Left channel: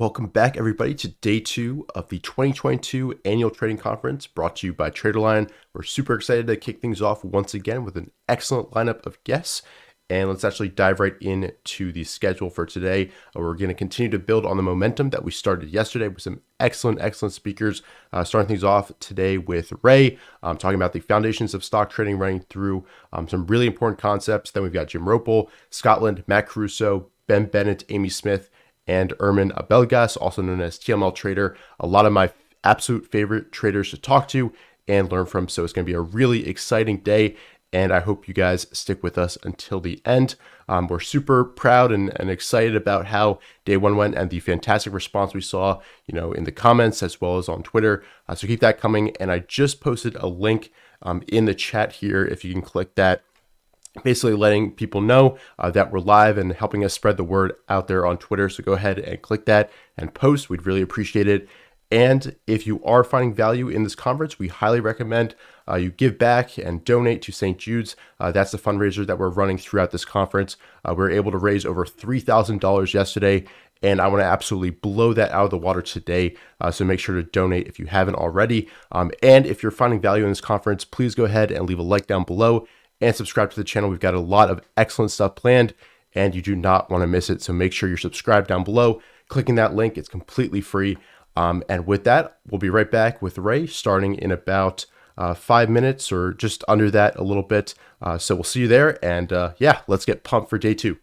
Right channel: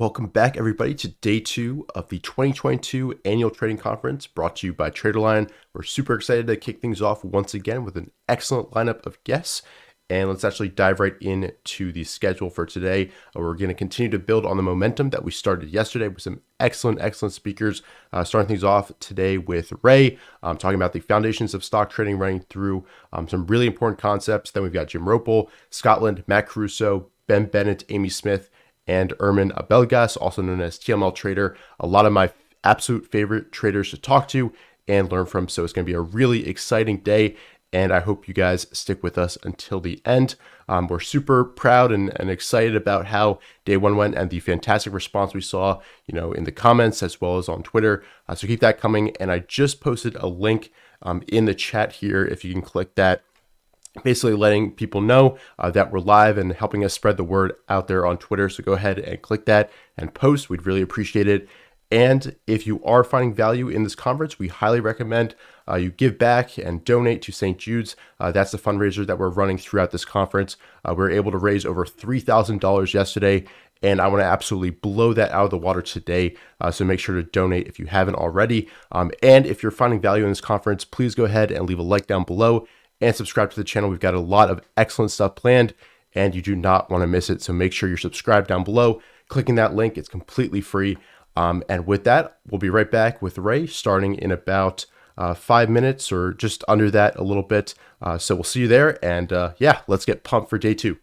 welcome back everybody to day 2 of the 2022 Annual Trading Conference brought to you by TraderLion. We're super excited to kick things off once again with an excellent lineup of guests. And let's actually dive right into the schedule for today. We're going to continue to build on the momentum that we started yesterday with some excellent speakers. Starting things off today with Ray, talking about the foundations of stock trading, running through some really important concepts. Then we've got Jim Roppel, Scotland, Matt Caruso, Bennett, Amy Smith, and Ermen Abelgas, also known as TML Trader. A lot of my absolute favorite traders to talk to and learn from. So it's going to be a really exciting day, and I hope you guys stick with us until the end. We're super proud and excited about how day 1 went and the fantastic response we saw, in the comments as well as on Twitter. So keep that coming. And I just posted a link in the chat here. If you can click that, basically letting people know that we're live and helping us spread the word out there on Twitter. So go ahead and click that and post. We'd really appreciate it. And if you are finding value in this conference, we highly recommend you give back and donate to St. Jude's. That's the fundraiser that we're running throughout this conference. We were able to raise over $3,000 yesterday, and I want to absolutely blow that out of the water today. So make sure to donate if you haven't already. And if you're finding value in this conference, please go ahead and leave a like down below and subscribe to the channel. We've got a lot of excellent stuff planned, and you do not want to miss it. So make sure you're subscribed down below, clicking that link. It's completely free. And with that, we'll be right back with Ray starting in about 5 minutes or just under that a little bit. So we'll see you there. And yeah, let's get pumped for day 2.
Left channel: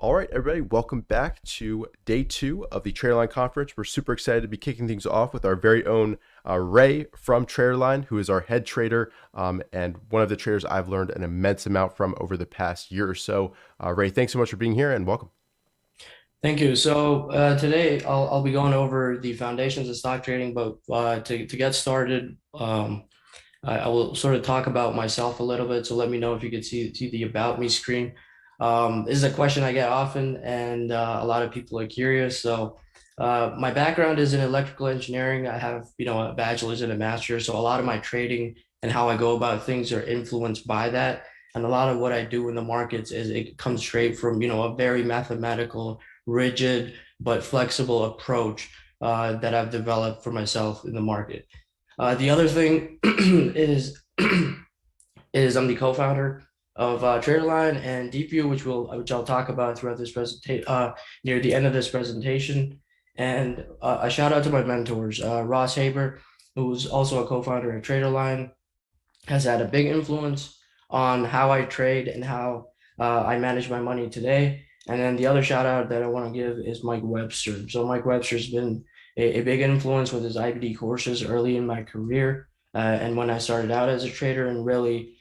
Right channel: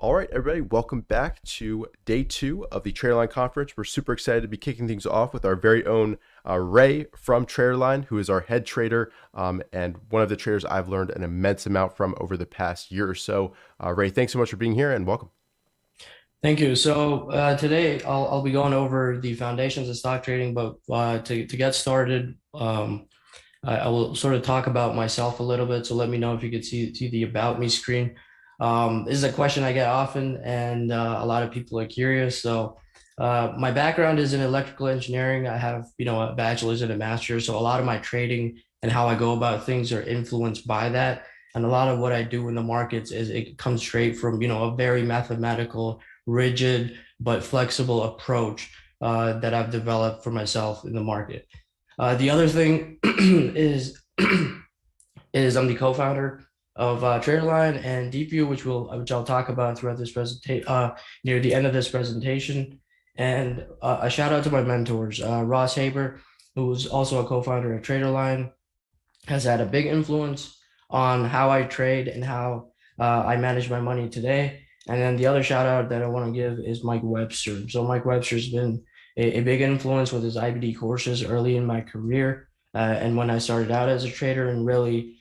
All right, everybody, welcome back to day 2 of the TraderLion Conference. We're super excited to be kicking things off with our very own Ray from TraderLion, who is our head trader and one of the traders I've learned an immense amount from over the past year or so. Ray, thanks so much for being here and welcome. Thank you. So today I'll be going over the foundations of stock trading, but to get started, I will sort of talk about myself a little bit. So let me know if you could see the About Me screen. This is a question I get often, and a lot of people are curious. So my background is in electrical engineering. I have a bachelor's and a master's. So a lot of my trading and how I go about things are influenced by that. And a lot of what I do in the markets is it comes straight from a very mathematical, rigid but flexible approach that I've developed for myself in the market. The other thing is I'm the co-founder of TraderLion and DeepView, which I'll talk about throughout this presentation, near the end of this presentation. And a shout out to my mentors, Ross Haber, who's also a co-founder at TraderLion, has had a big influence on how I trade and how I manage my money today. And then the other shout out that I want to give is Mike Webster. So Mike Webster's been a big influence with his IBD courses early in my career. And when I started out as a trader and really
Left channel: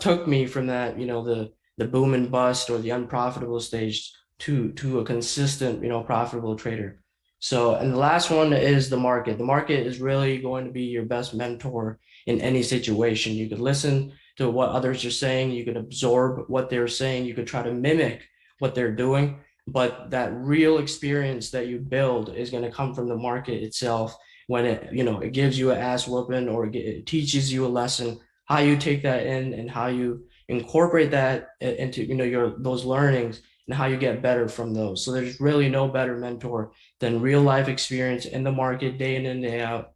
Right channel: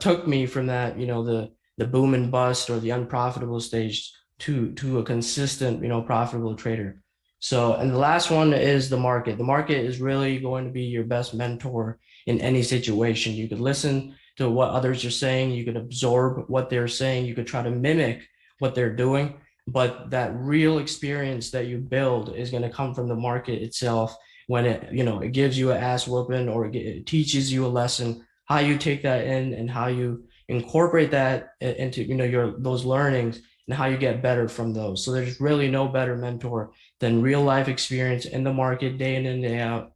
took me from that, the boom and bust or the unprofitable stage to a consistent, profitable trader. So, and the last one is the market. The market is really going to be your best mentor in any situation. You could listen to what others are saying, you could absorb what they're saying, you could try to mimic what they're doing, but that real experience that you build is going to come from the market itself when it gives you an ass whooping or it teaches you a lesson, how you take that in and how you incorporate that into those learnings and how you get better from those. So there's really no better mentor than real life experience in the market day in and day out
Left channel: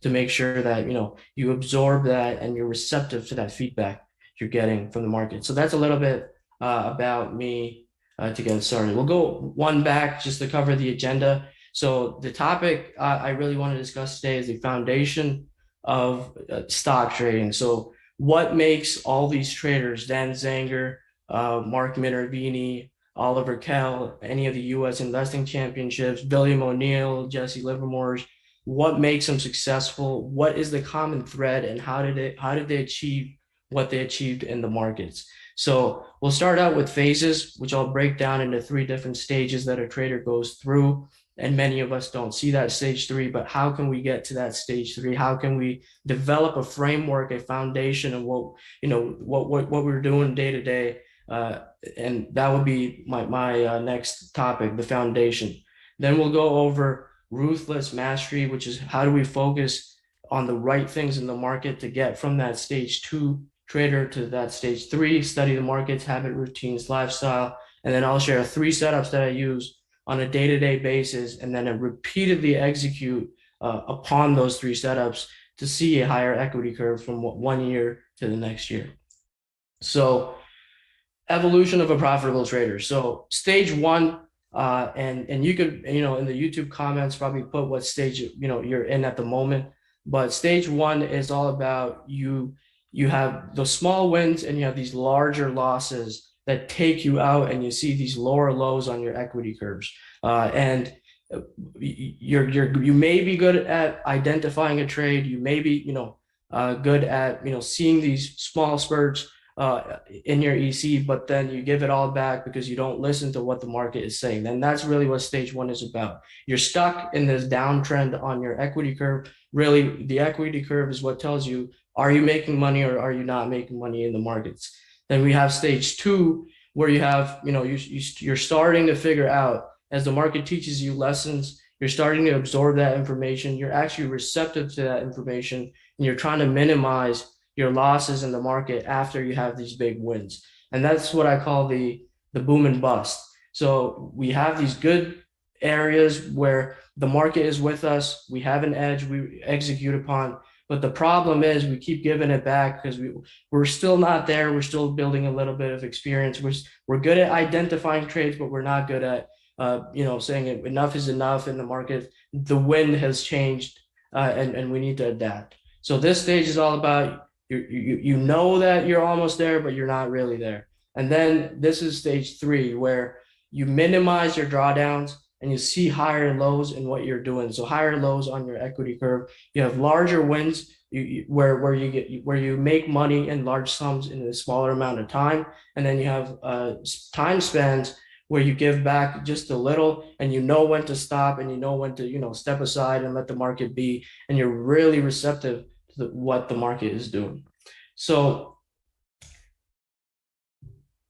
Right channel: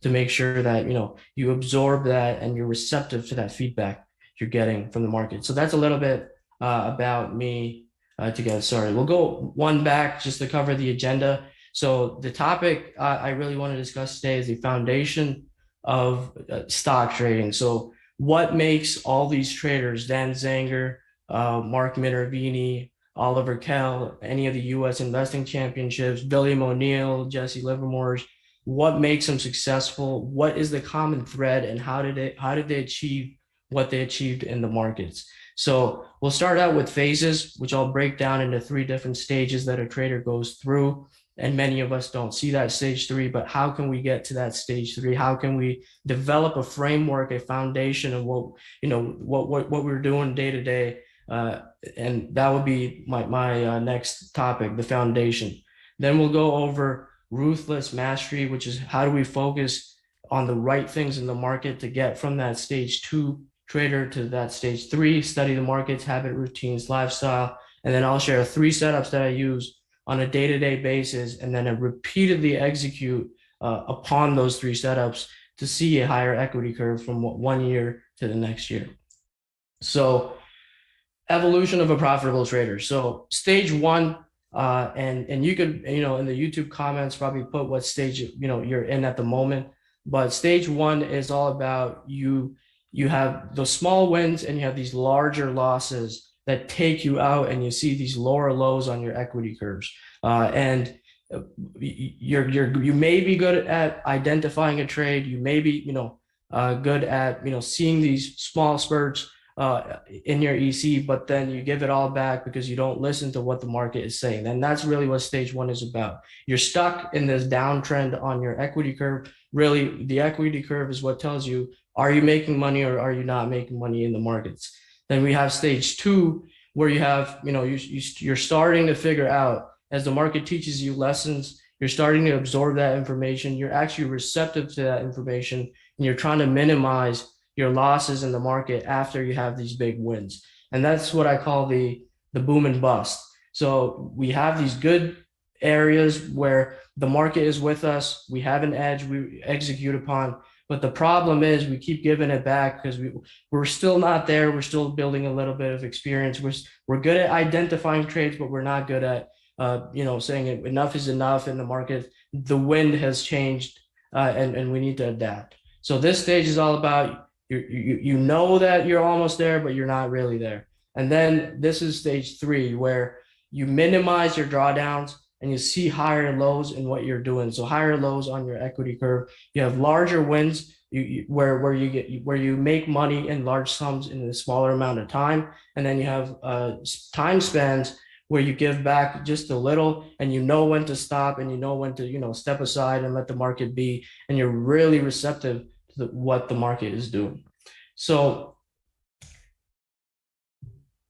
to make sure that you absorb that and you're receptive to that feedback you're getting from the market. So that's a little bit about me to get started. We'll go one back just to cover the agenda. So the topic I really want to discuss today is the foundation of stock trading. So what makes all these traders, Dan Zanger, Mark Minervini, Oliver Kell, any of the U.S. investing championships, William O'Neill, Jesse Livermore's, what makes them successful? What is the common thread, and how did they achieve what they achieved in the markets? So we'll start out with phases, which I'll break down into 3 different stages that a trader goes through. And many of us don't see that stage 3, but how can we get to that stage 3? How can we develop a framework, a foundation of what we're doing day to day? And that would be my next topic, the foundation. Then we'll go over ruthless mastery, which is how do we focus on the right things in the market to get from that stage 2 trader to that stage 3, study the markets, habit, routines, lifestyle. And then I'll share 3 setups that I use on a day-to-day basis, and then I repeatedly execute upon those 3 setups to see a higher equity curve from 1 year to the next year. So evolution of a profitable trader. So stage 1, and you could, in the YouTube comments, probably put what stage, you're in at the moment. But stage 1 is all about you have the small wins and you have these larger losses that take you out, and you see these lower lows on your equity curves. And you may be good at identifying a trade. You may be, good at, seeing these small spurts in your EC, but then you give it all back because you don't listen to what the market is saying. And that's really what stage 1 is about. You're stuck in this downtrend on your equity curve. Really, the equity curve is what tells you, are you making money or are you not making money in the markets? Then we have stage 2, where you have, you're starting to figure out, as the market teaches you lessons, you're starting to absorb that information. You're actually receptive to that information, and you're trying to minimize your losses in the market after you have these big wins. And that's what I call the boom and bust. So we have these good areas where the market is with us. We have an edge we execute upon. But the problem is we keep giving it back because we're still not there. We're still building a little bit of experience. We're good at identifying trades, but we're not good at saying enough is enough in the market. The wind has changed, and we need to adapt. So this stage is all about you know that you're almost there, but you're not really there. And then this is stage 3, where you minimize your drawdowns and you see higher lows in what you're doing. So higher lows on your equity curve. You have larger wins where you make money in large sums in a smaller amount of time, and then you have time spans where you give back just a little, and you know when to stop, and you know when to step aside and let the market be, and you're really receptive to what the market is doing. So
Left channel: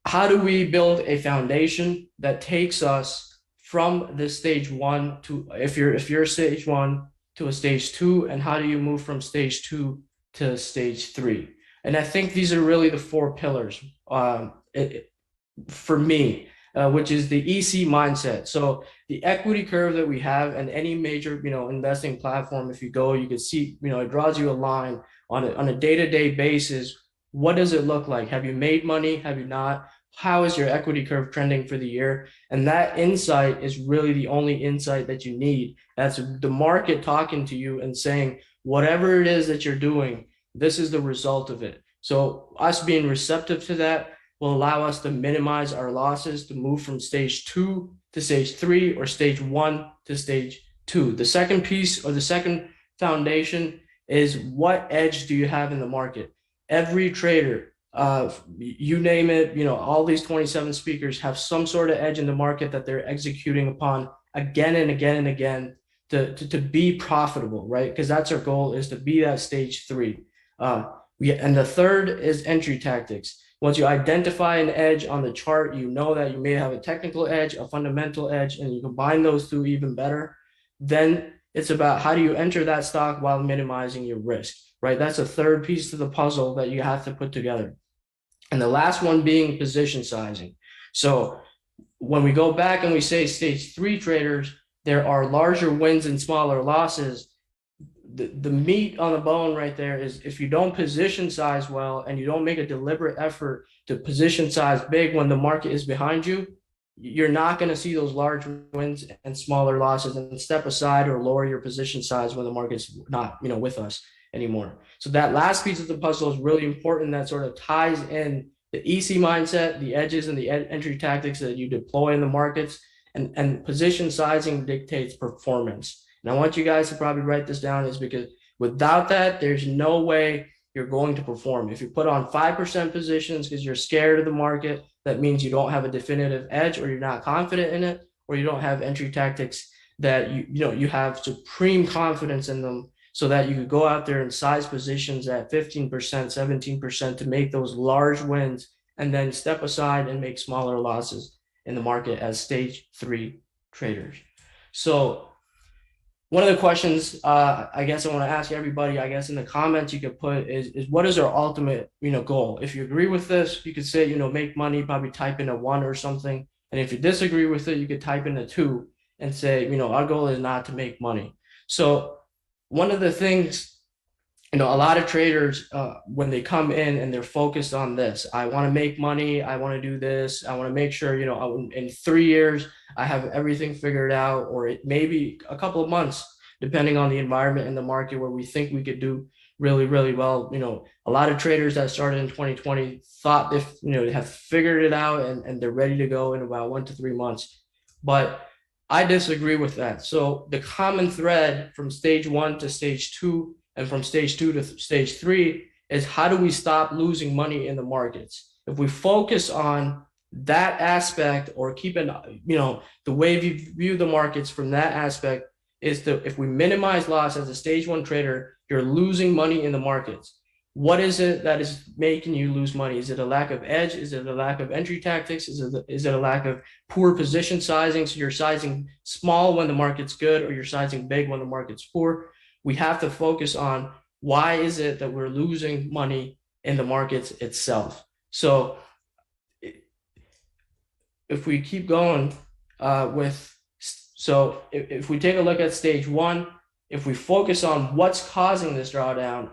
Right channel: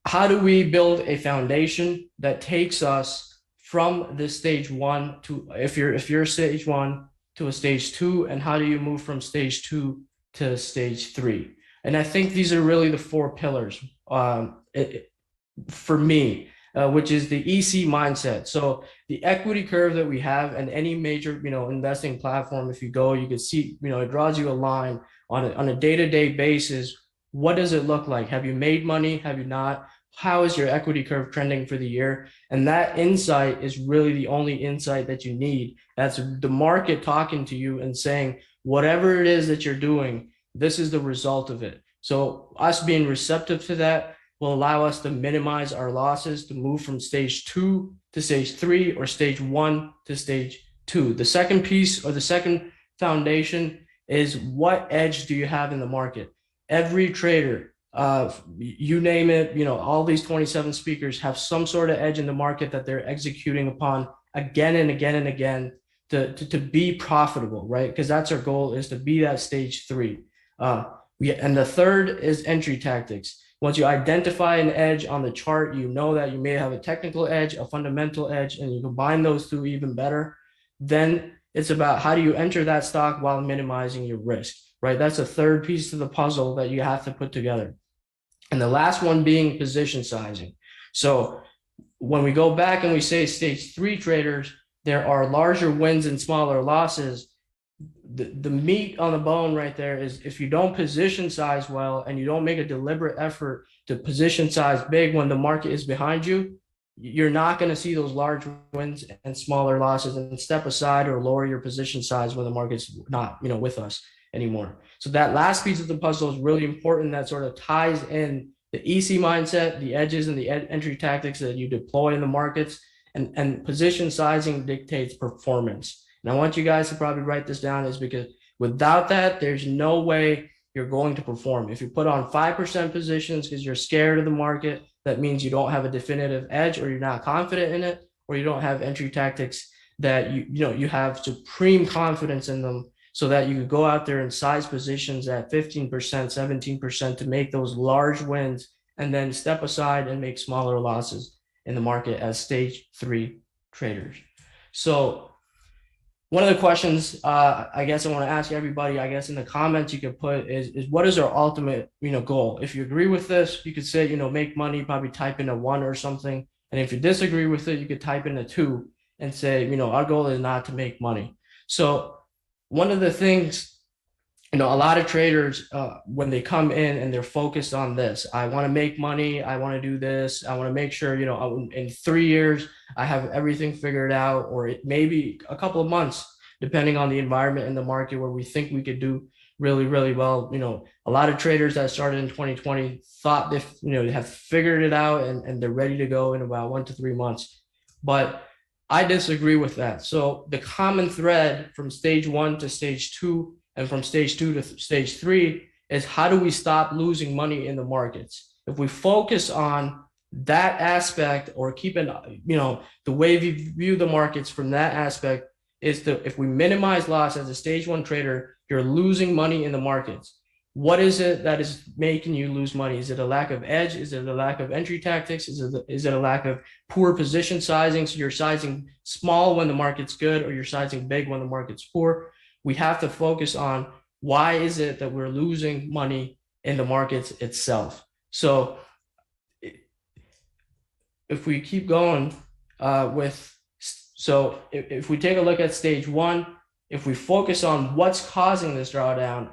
how do we build a foundation that takes us from this stage one to, if you're stage one, to a stage two, and how do you move from stage two to stage three? And I think these are really the four pillars for me, which is the EC mindset. So the equity curve that we have, and any major investing platform, if you go, you can see it draws you a line on a day-to-day basis. What does it look like? Have you made money? Have you not? How is your equity curve trending for the year? And that insight is really the only insight that you need. That's the market talking to you and saying, whatever it is that you're doing, this is the result of it. So us being receptive to that will allow us to minimize our losses, to move from stage two to stage three, or stage one to stage two. The second piece, or the second foundation, is what edge do you have in the market? Every trader, you name it, all these 27 speakers have some sort of edge in the market that they're executing upon again and again and again to be profitable, right? Because that's our goal, is to be that stage three. And the third is entry tactics. Once you identify an edge on the chart, you know that you may have a technical edge, a fundamental edge, and you combine those two even better. Then it's about how do you enter that stock while minimizing your risk, right? That's a third piece of the puzzle that you have to put together. And the last one being position sizing. So when we go back and we say stage three traders, there are larger wins and smaller losses. The meat on the bone right there is, if you don't position size well and you don't make a deliberate effort to position size big when the market is behind you, you're not going to see those large wins and smaller losses, and step aside or lower your position size when the market's not with us anymore. So that last piece of the puzzle is really important. That sort of ties in the EC mindset, the edges, and the entry tactics that you deploy in the markets, and position sizing dictates performance. And I want you guys to probably write this down, is because without that, there's no way you're going to perform. If you put on 5% positions because you're scared of the market, that means you don't have a definitive edge, or you're not confident in it, or you don't have entry tactics that you have supreme confidence in them, so that you could go out there and size positions at 15%, 17% to make those large wins, and then step aside and make smaller losses in the market as stage three traders. So one of the questions I guess I want to ask everybody, I guess in the comments you could put, is what is our ultimate goal? If you agree with this, you could say make money, probably type in a 1 or something. And if you disagree with it, you could type in a 2 and say our goal is not to make money. So one of the things, a lot of traders, when they come in and they're focused on this, I want to make money, I want to do this, I want to make sure, in 3 years, I have everything figured out, or it may be a couple of months, depending on the environment in the market where we think we could do really, really well. A lot of traders that started in 2020 thought they have figured it out and they're ready to go in about 1 to 3 months. But I disagree with that. So the common thread from stage one to stage two, and from stage two to stage three, is how do we stop losing money in the markets? If we focus on that aspect, or keep it, the way we view the markets from that aspect, is if we minimize loss as a stage one trader, you're losing money in the markets. What is it that is making you lose money? Is it a lack of edge? Is it a lack of entry tactics? Is it a lack of poor position sizing? So you're sizing small when the market's good, or you're sizing big when the market's poor. We have to focus on why is it that we're losing money in the markets itself. So if we keep going if we take a look at stage one, if we focus on what's causing this drawdown,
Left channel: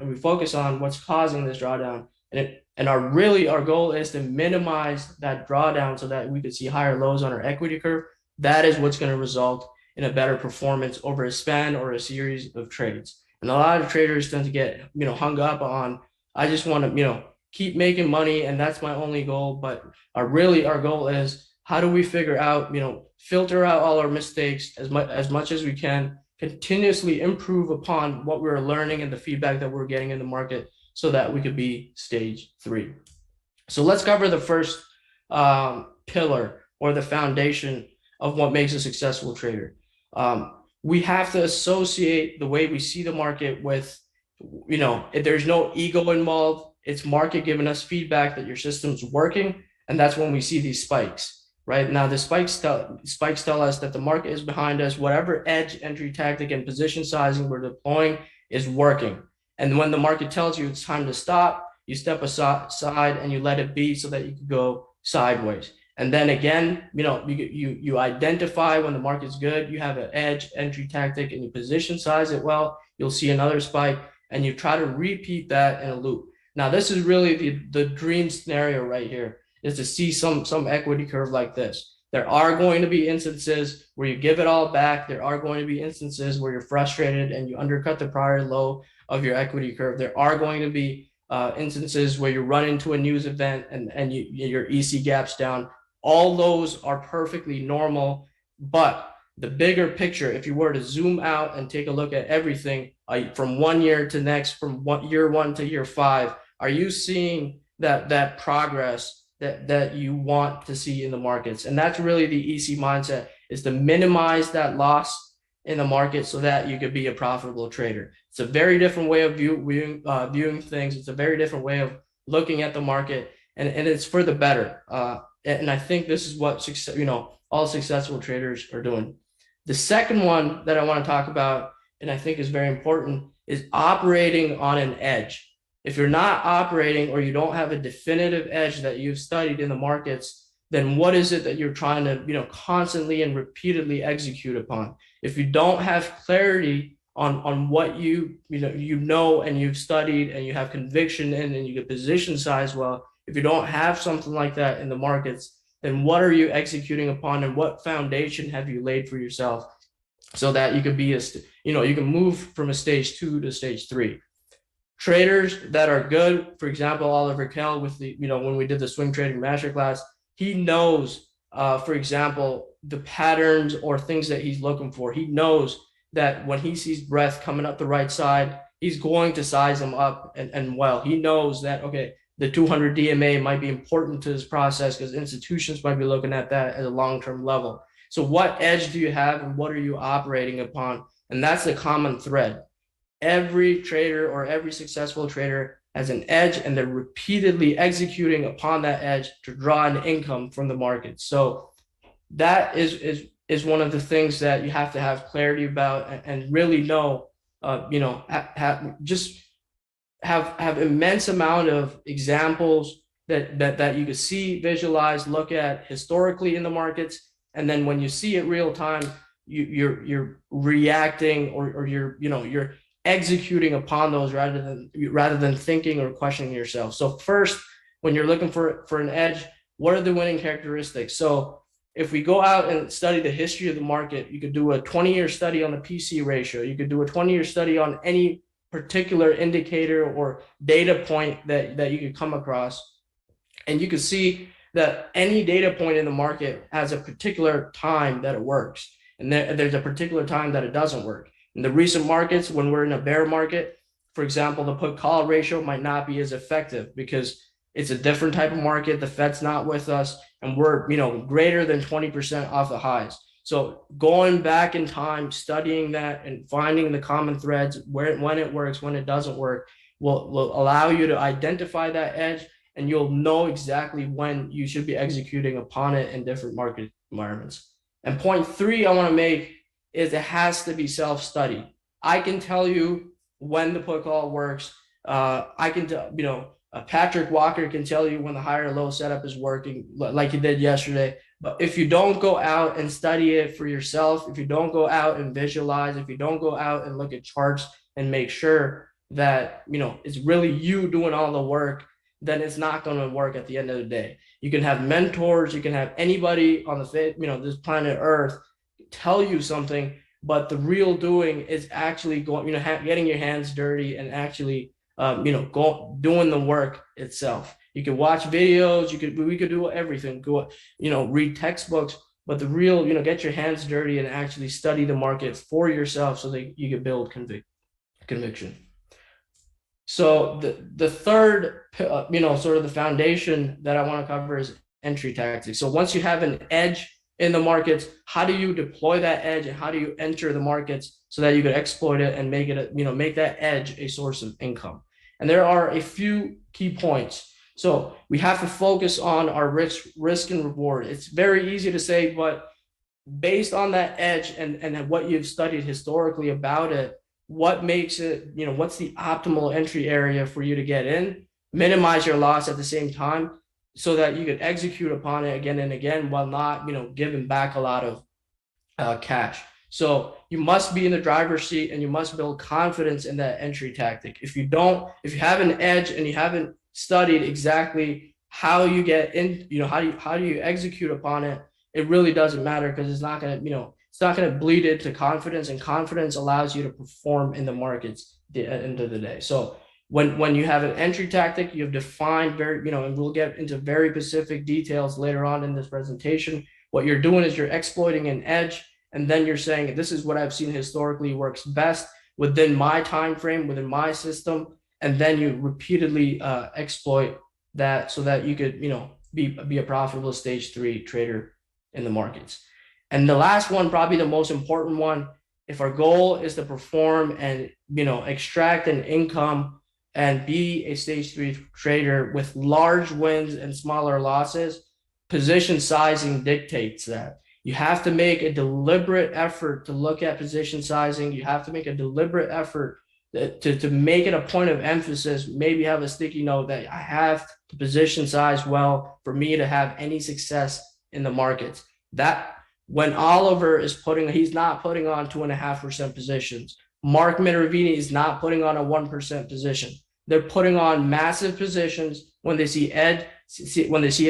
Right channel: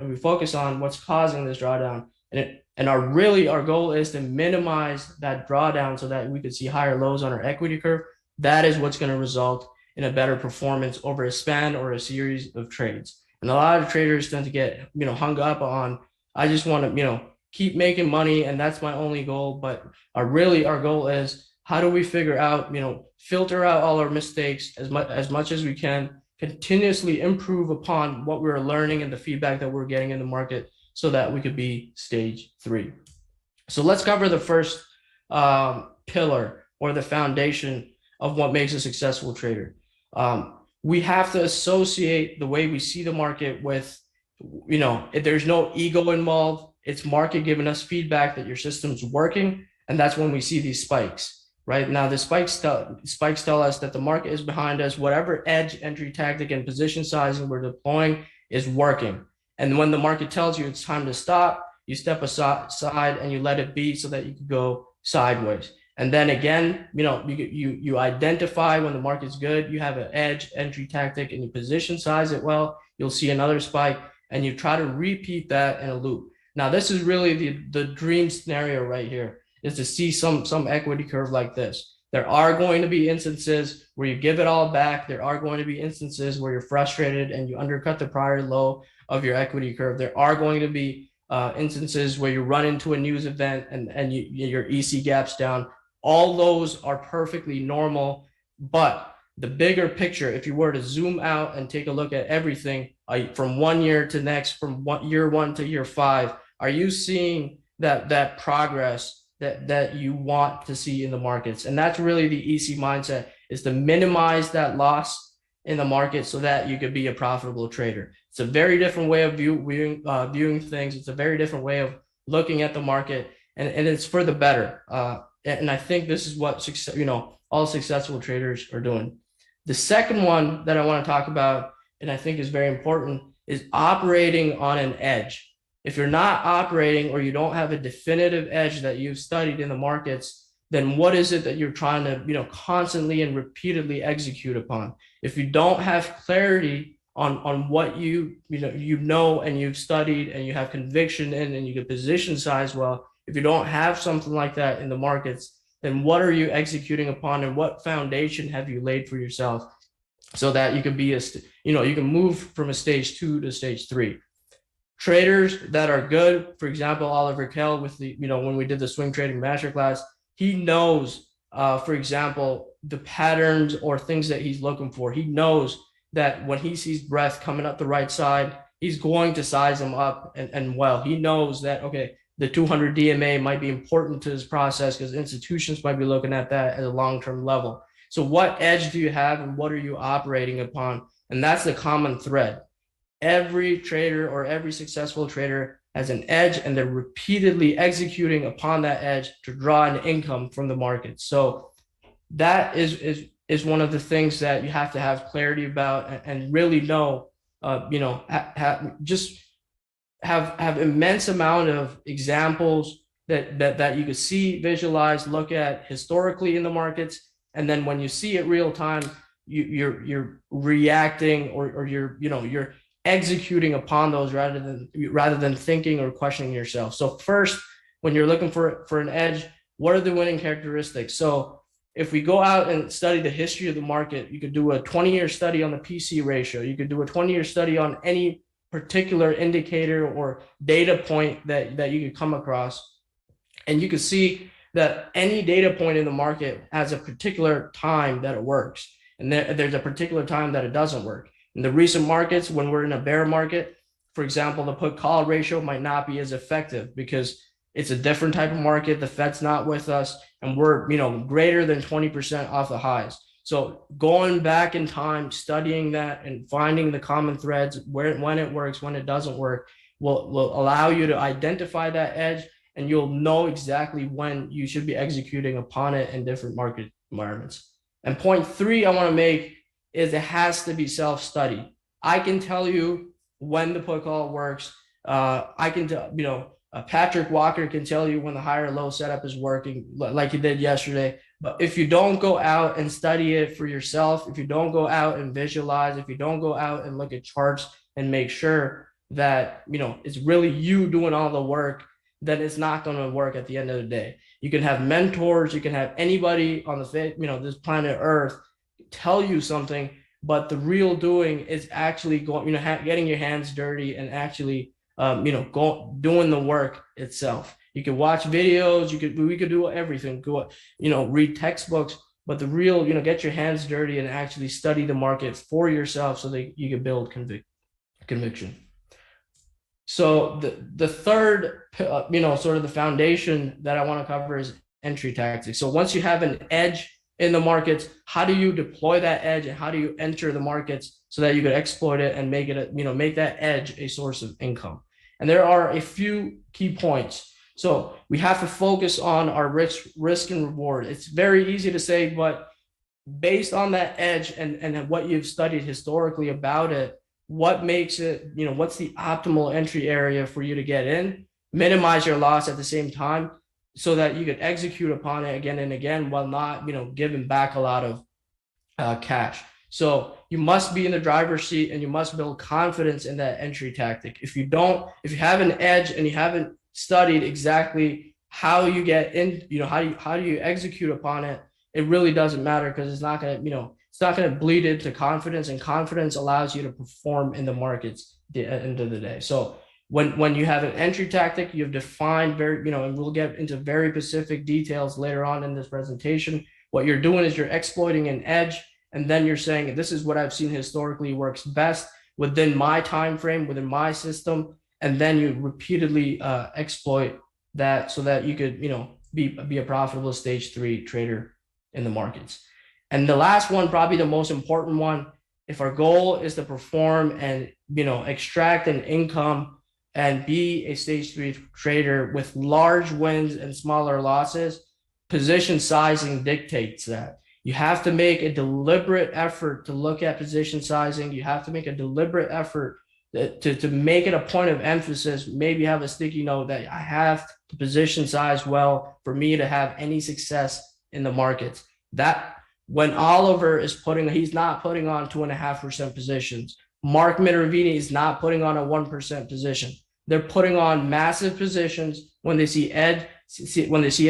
and our goal is to minimize that drawdown so that we could see higher lows on our equity curve, that is what's going to result in a better performance over a span or a series of trades. And a lot of traders tend to get hung up on, I just want to keep making money, and that's my only goal. But our goal is how do we figure out, filter out all our mistakes as much as we can, continuously improve upon what we're learning and the feedback that we're getting in the market so that we could be stage 3. So let's cover the first pillar or the foundation of what makes a successful trader. We have to associate the way we see the market with, if there's no ego involved, it's market giving us feedback that your system's working, and that's when we see these spikes. Right now, the spikes tell us that the market is behind us. Whatever edge, entry tactic, and position sizing we're deploying is working. And when the market tells you it's time to stop, you step aside and you let it be so that you can go sideways. And then again, you identify when the market's good, you have an edge, entry tactic, and you position size it well, you'll see another spike, and you try to repeat that in a loop. Now, this is really the dream scenario right here, is to see some equity curve like this. There are going to be instances where you give it all back. There are going to be instances where you're frustrated and you undercut the prior low of your equity curve. There are going to be instances where you run into a news event and your EC gaps down. All those are perfectly normal, but the bigger picture, if you were to zoom out and take a look at everything from 1 year to next, from year 1 to year 5, are you seeing that progress that you want to see in the markets? And that's really the EC mindset, is to minimize that loss in the market so that you could be a profitable trader. It's a very different way of viewing things. It's a very different way of looking at the market, and it's for the better. And I think this is what all successful traders are doing. The second one that I want to talk about, and I think is very important, is operating on an edge. If you're not operating, or you don't have a definitive edge that you've studied in the markets, then what is it that you're trying to constantly and repeatedly execute upon? If you don't have clarity on what you know and you've studied and you have conviction in, and you can position size well, if you don't have something like that in the markets, then what are you executing upon, and what foundation have you laid for yourself so that you can be you can move from a stage 2 to stage 3? Traders that are good, for example, Oliver Kell with when we did the swing trading masterclass, he knows, for example, the patterns or things that he's looking for. He knows that when he sees breadth coming up the right side, he's going to size them up and well. He knows that, okay, the 200 DMA might be important to this process because institutions might be looking at that at a long-term level. So what edge do you have, and what are you operating upon? And that's the common thread. Every trader, or every successful trader, has an edge, and they're repeatedly executing upon that edge to draw an income from the market. So that is one of the things that you have to have clarity about, and really know, just have immense amount of examples that you could see, visualize, look at historically in the markets, and then when you see it real time, you're reacting, or you're executing upon those rather than thinking or questioning yourself. So first, when you're looking for an edge, what are the winning characteristics? So if we go out and study the history of the market, you could do a 20-year study on the PC ratio. You could do a 20-year study on any particular indicator or data point that you could come across. And you could see that any data point in the market has a particular time that it works. And there's a particular time that it doesn't work. In the recent markets, when we're in a bear market, for example, the put call ratio might not be as effective because it's a different type of market. The Fed's not with us, and we're greater than 20% off the highs. So going back in time, studying that, and finding the common threads, when it works, when it doesn't work, will allow you to identify that edge, and you'll know exactly when you should be executing upon it in different market environments. And point 3 I want to make is it has to be self-study. I can tell you when the put call works. I can Patrick Walker can tell you when the higher low setup is working, like he did yesterday. But if you don't go out and study it for yourself, if you don't go out and visualize, if you don't go out and look at charts and make sure that it's really you doing all the work, then it's not going to work at the end of the day. You can have mentors, you can have anybody on this planet Earth tell you something, but the real doing is actually getting your hands dirty and actually doing the work itself. You could watch videos. We could do everything. Go, read textbooks. But the real, get your hands dirty and actually study the market for yourself so that you can build conviction. So the third, sort of the foundation that I want to cover is entry tactics. So once you have an edge in the markets, how do you deploy that edge and how do you enter the markets so that you could exploit it and make it, make that edge a source of income? And there are a few key points. So we have to focus on our risk and reward. It's very easy to say, but based on that edge and what you've studied historically about it, what makes it, what's the optimal entry area for you to get in, minimize your loss at the same time so that you can execute upon it again and again while not, giving back a lot of cash. So you must be in the driver's seat and you must build confidence in that entry tactic. If you have an edge and you haven't studied exactly how you get in, how do you execute upon it, it really doesn't matter because it's not going to, it's not going to bleed into confidence, and confidence allows you to perform in the markets at the end of the day. So when you have an entry tactic, you've defined very, and we'll get into very specific details later on in this presentation. What you're doing is you're exploiting an edge, and then you're saying, this is what I've seen historically works best within my time frame, within my system, and then you repeatedly exploit that so that you could, be a profitable stage 3 trader in the markets. And the last one, probably the most important one, if our goal is to perform and, extract an income and be a stage 3 trader with large wins and smaller losses, position sizing dictates that. You have to make a deliberate effort to look at position sizing. You have to make a deliberate effort to make it a point of emphasis, maybe have a sticky note that I have to position size well for me to have any success in the markets. That when Oliver is he's not putting on 2.5% positions. Mark Minervini is not putting on a 1% position. They're putting on massive positions when they see an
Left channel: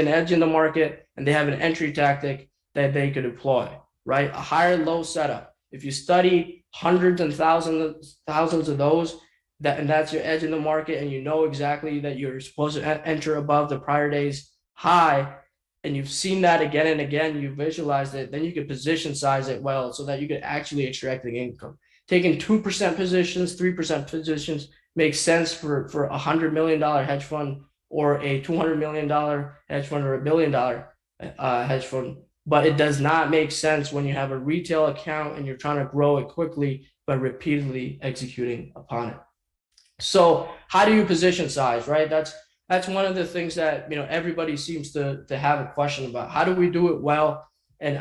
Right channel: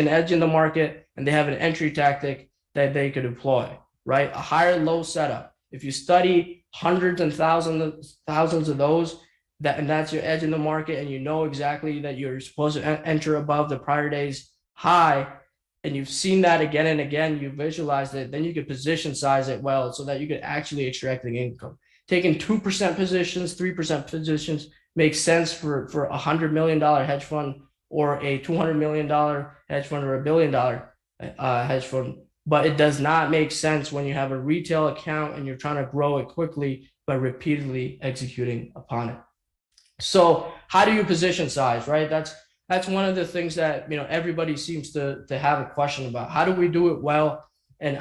edge in the market and they have an entry tactic that they could deploy, right? A higher low setup. If you study hundreds and thousands of those, that's your edge in the market, and you know exactly that you're supposed to enter above the prior day's high, and you've seen that again and again, you visualized it, then you could position size it well so that you could actually extract the income. Taking 2% positions, 3% positions makes sense for a $100 million hedge fund or a $200 million hedge fund or $1 billion hedge fund. But it does not make sense when you have a retail account and you're trying to grow it quickly by repeatedly executing upon it. So how do you position size, right? That's one of the things that, everybody seems to have a question about. How do we do it well? And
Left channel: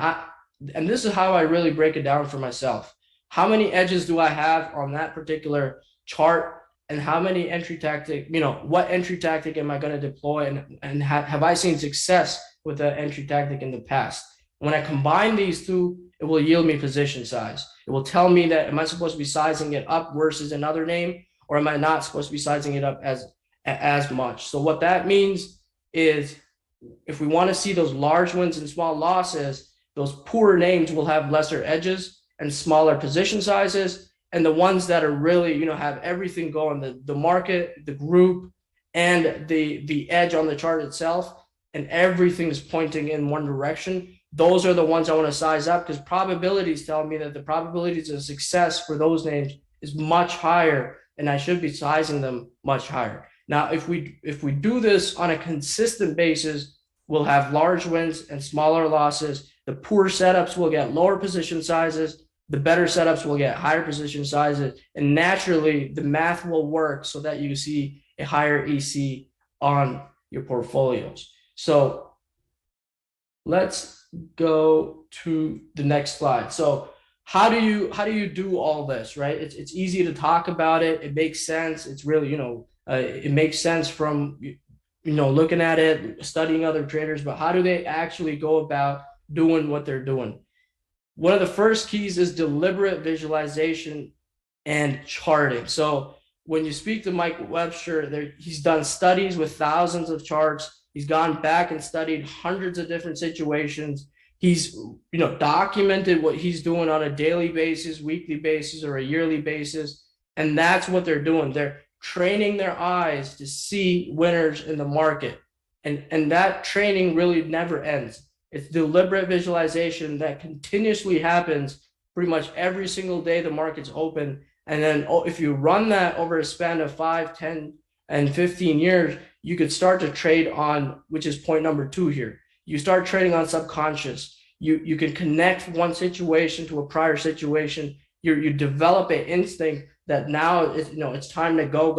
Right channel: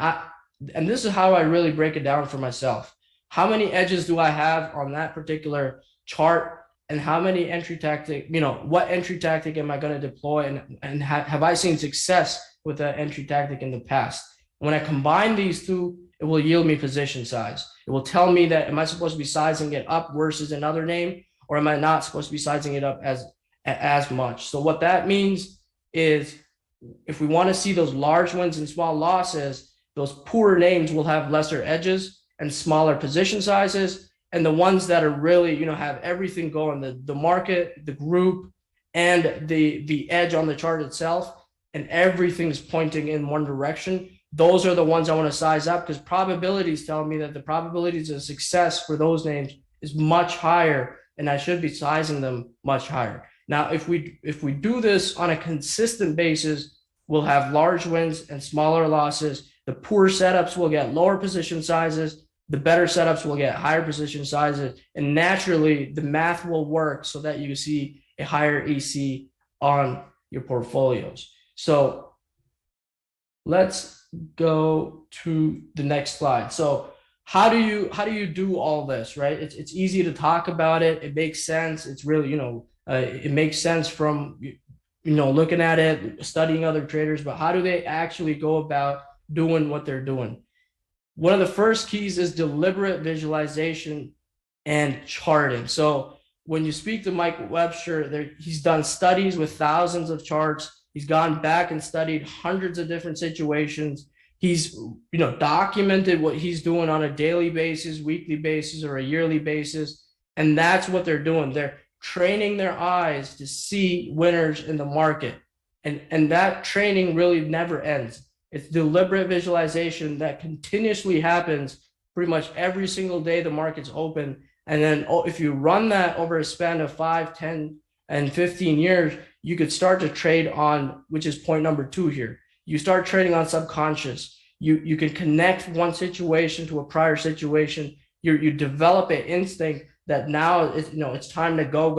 this is how I really break it down for myself. How many edges do I have on that particular chart? And how many entry tactic, what entry tactic am I going to deploy? And have I seen success with that entry tactic in the past? When I combine these two, it will yield me position size. It will tell me that, am I supposed to be sizing it up versus another name? Or am I not supposed to be sizing it up as much? So what that means is if we want to see those large wins and small losses, those poorer names will have lesser edges and smaller position sizes. And the ones that are really, have everything going, the market, the group, and the edge on the chart itself, and everything's pointing in one direction, those are the ones I want to size up, because probabilities tell me that the probabilities of success for those names is much higher, and I should be sizing them much higher. Now, if we do this on a consistent basis, we'll have large wins and smaller losses. The poor setups will get lower position sizes. The better setups will get higher position sizes. And naturally, the math will work so that you see a higher EC on your portfolios. So let's go to the next slide. So how do you do all this, right? It's easy to talk about it. It makes sense. It's really, it makes sense from, looking at it, studying other traders, but how do they actually go about doing what they're doing? One of the first keys is deliberate visualization and charting. So when you speak to Mike Webster, he's done studies with thousands of charts. He's gone back and studied hundreds of different situations. He's, documented what he's doing on a daily basis, weekly basis, or a yearly basis. And that's what they're doing. They're training their eyes to see winners in the market. And that training really never ends. It's deliberate visualization that continuously happens pretty much every single day the market's open. And then if you run that over a span of 5, 10, and 15 years, you could start to trade on, which is point number 2 here. You start trading on subconscious. You can connect one situation to a prior situation. You develop an instinct that now it's time to go,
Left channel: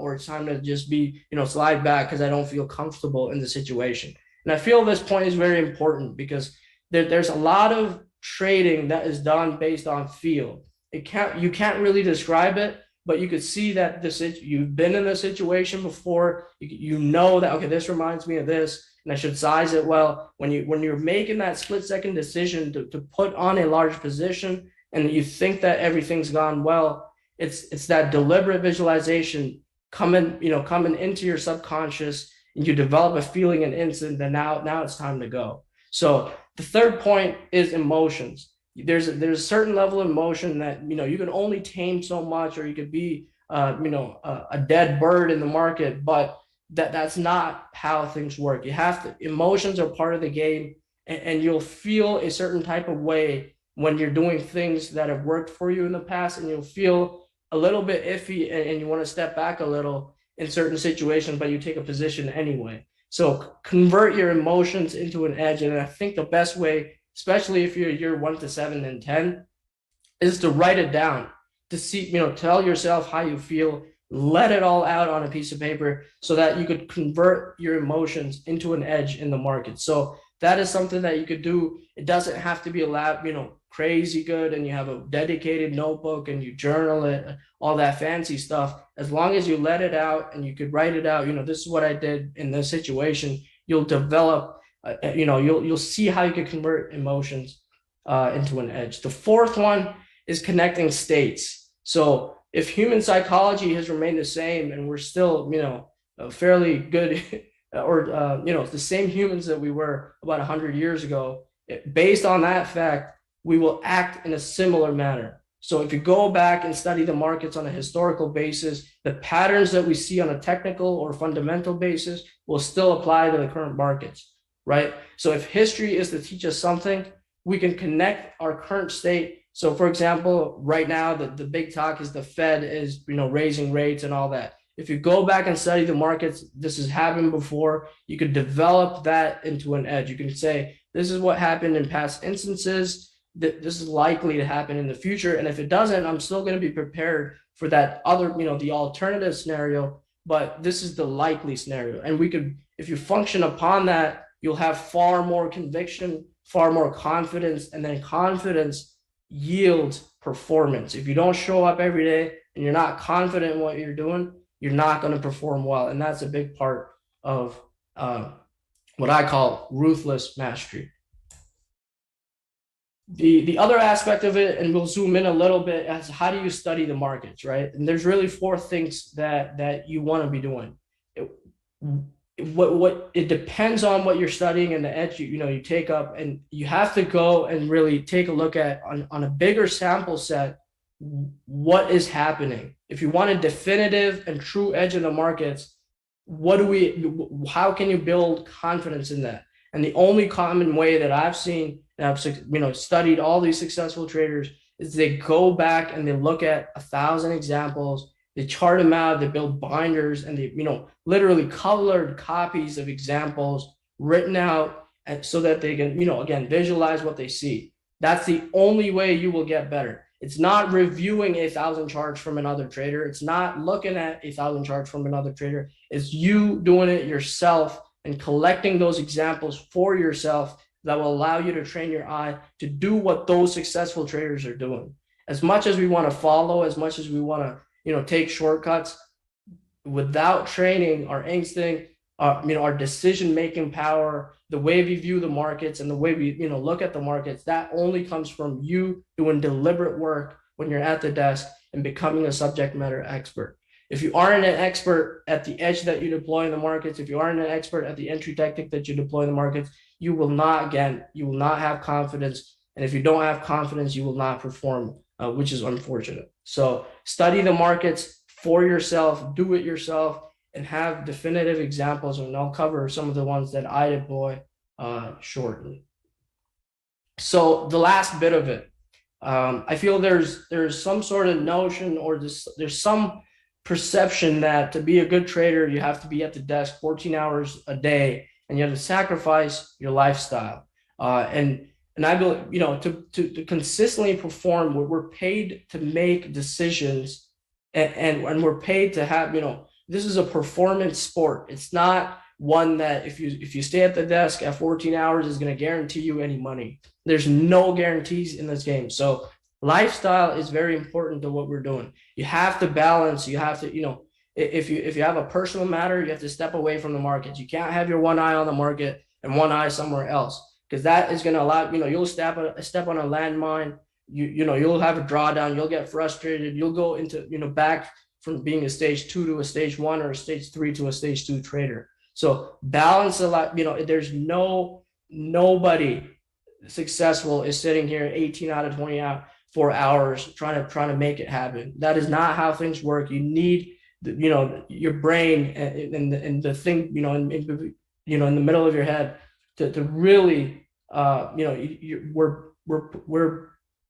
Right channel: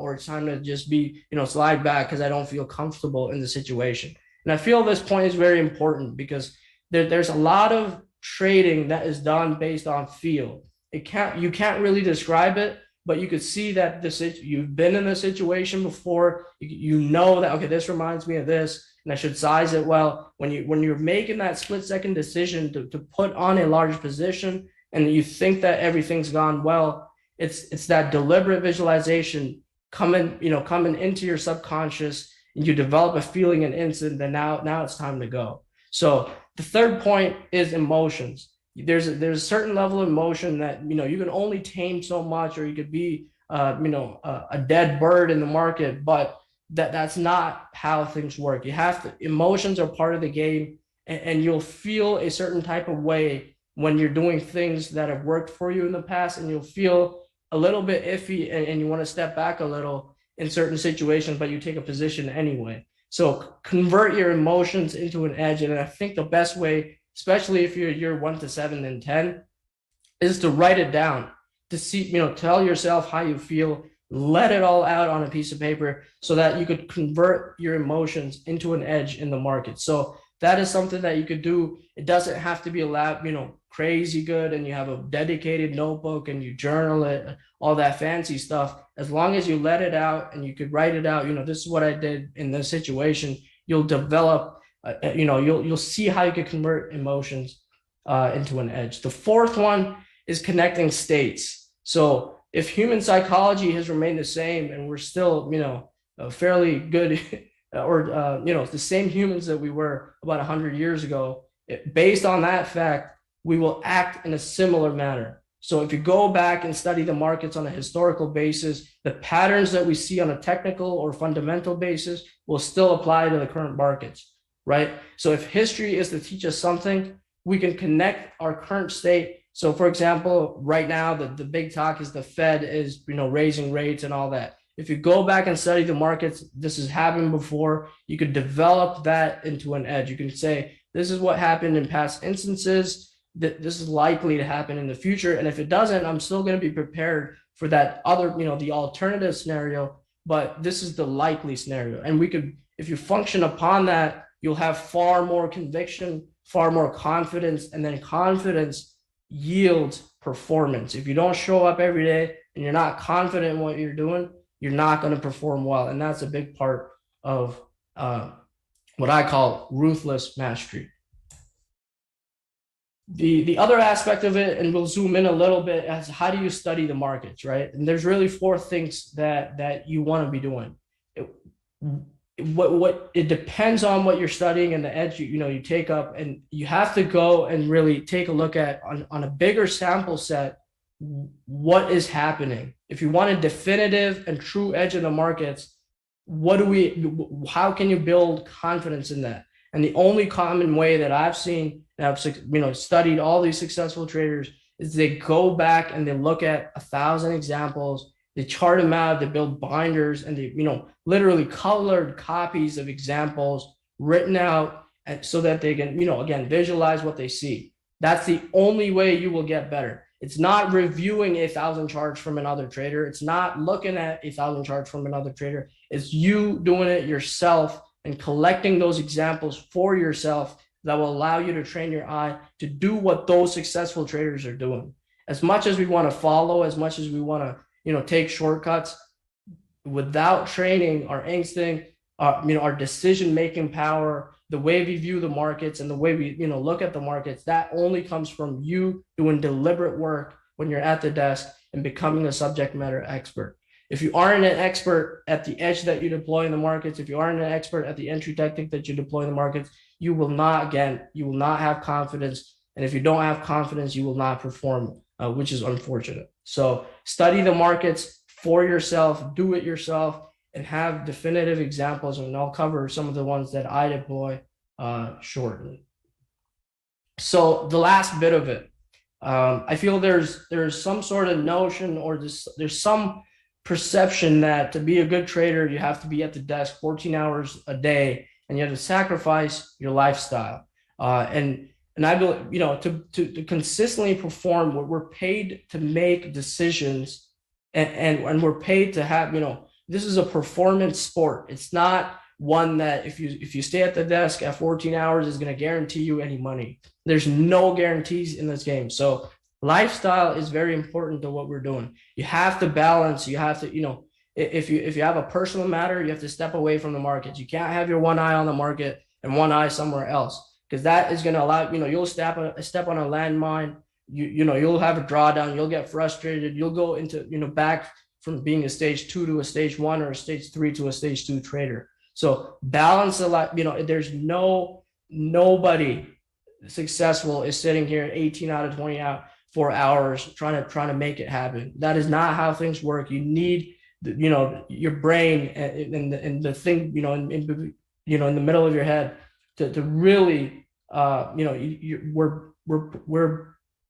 or it's time to just be, slide back because I don't feel comfortable in the situation. And I feel this point is very important because there's a lot of trading that is done based on feel. You can't really describe it, but you could see that you've been in the situation before. You know that, okay, this reminds me of this, and I should size it well. When you're making that split-second decision to put on a large position, and you think that everything's gone well, it's that deliberate visualization coming into your subconscious, and you develop a feeling and instant that now it's time to go. So the third point is emotions. There's a certain level of emotion that you can only tame so much, or you could be a dead bird in the market, but that's not how things work. Emotions are part of the game, and you'll feel a certain type of way when you're doing things that have worked for you in the past, and you'll feel a little bit iffy, and you want to step back a little in certain situations, but you take a position anyway. So convert your emotions into an edge. And I think the best way, especially if you're year 1 to 7 and 10, is to write it down, to see, tell yourself how you feel, let it all out on a piece of paper so that you could convert your emotions into an edge in the market. So that is something that you could do. It doesn't have to be a lab, crazy good, and you have a dedicated notebook and you journal it, all that fancy stuff. As long as you let it out and you could write it out, this is what I did in this situation, you'll develop, you'll see how you can convert emotions into an edge. The fourth one is connecting states. So if human psychology has remained the same and we're still, fairly good or, the same humans that we were about 100 years ago, based on that fact, we will act in a similar manner. So if you go back and study the markets on a historical basis, the patterns that we see on a technical or fundamental basis will still apply to the current markets, right? So if history is to teach us something, we can connect our current state. So for example, right now, the big talk is the Fed is, raising rates and all that. If you go back and study the markets, this has happened before, you could develop that into an edge. You can say, this is what happened in past instances, that this is likely to happen in the future. And if it doesn't, I'm still going to be prepared for that other, the alternative scenario, but this is the likely scenario. And if you function upon that, you'll have far more conviction, far more confidence, and then confidence yields performance. If you don't show up every day and you're not confident in what you're doing, you're not going to perform well. And that's a big part of what I call ruthless mastery. The other aspect of it, and we'll zoom in a little bit, as how do you study the markets, right? And there's really 4 things that you want to be doing. It depends on what you're studying and the edge you take up, and you have to go and really take a look at on a bigger sample set what is happening. If you want a definitive and true edge in the markets, how can you build confidence in that? And the only common way that I've seen, and I've studied all these successful traders, is they go back and they look at 1,000 examples, they chart them out, they build binders, and they literally colored copies of examples written out, and so that they can again visualize what they see. That's the only way you will get better. It's not reviewing 1,000 charts from another trader. It's not looking at 1,000 charts from another trader. It's you doing it yourself and collecting those examples for yourself that will allow you to train your eye to do what those successful traders are doing. As much as we want to follow, as much as we want to, take shortcuts, without training our instinct, our decision-making power, the way we view the markets and the way we, look at the markets, that only comes from you doing deliberate work when you're at the desk and becoming a subject matter expert. If you aren't an expert at the edge that you deploy in the markets, if you aren't an expert at the entry tactic that you deploy in the markets, you will not have confidence. And if you don't have confidence, you will not perform, which is unfortunate. So study the markets for yourself, do it yourself, and have definitive examples, and I'll cover some of the ones that I deploy shortly. So the last bit of it, I feel there's some sort of notion, or there's some perception that to be a good trader, you have to be at the desk 14 hours a day, and you have to sacrifice your lifestyle. And I believe, to consistently perform, we're paid to make decisions, and we're paid to have, this is a performance sport. It's not one that if you stay at the desk at 14 hours is going to guarantee you any money. There's no guarantees in this game. So lifestyle is very important to what we're doing. You have to balance. You have to, if you have a personal matter, you have to step away from the markets. You can't have your one eye on the market and one eye somewhere else, because that is going to allow, you'll step on a landmine. You'll have a drawdown. You'll get frustrated. You'll go into, back from being a stage 2 to a stage 1, or a stage 3 to a stage 2 trader. So balance a lot. There's nobody successful is sitting here 18 out of 24 hours trying to make it happen. That is not how things work. You need your brain and the thing in the middle of your head to really we're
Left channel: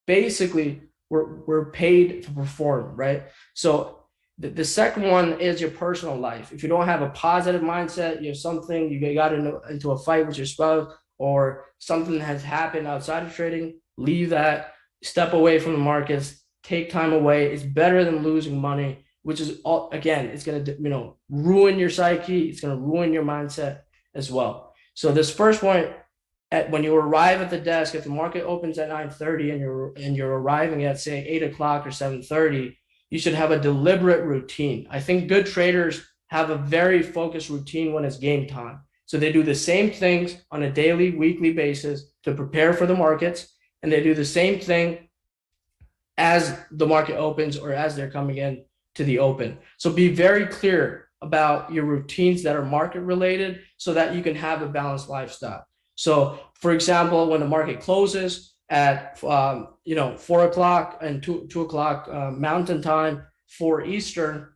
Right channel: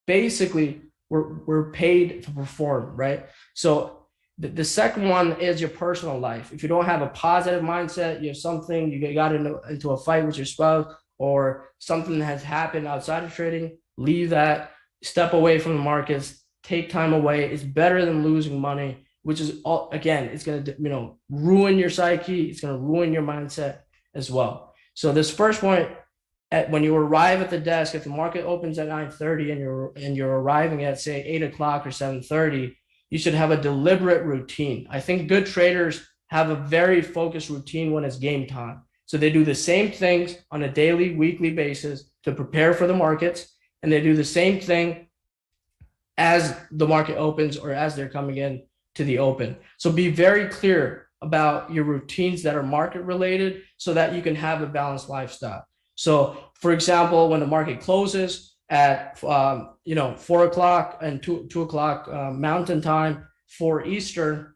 basically we're paid to perform, right? So the second one is your personal life. If you don't have a positive mindset, you have something, you got into a fight with your spouse, or something has happened outside of trading, leave that, step away from the markets, take time away. It's better than losing money, which is, again, it's going to ruin your psyche. It's going to ruin your mindset as well. So this first point, when you arrive at the desk, if the market opens at 9:30 and you're arriving at, say, 8 o'clock or 7:30, you should have a deliberate routine. I think good traders have a very focused routine when it's game time. So they do the same things on a daily, weekly basis to prepare for the markets, and they do the same thing as the market opens or as they're coming in to the open. So be very clear about your routines that are market related so that you can have a balanced lifestyle. So for example, when the market closes at 4 o'clock and 2 o'clock Mountain Time, 4 Eastern,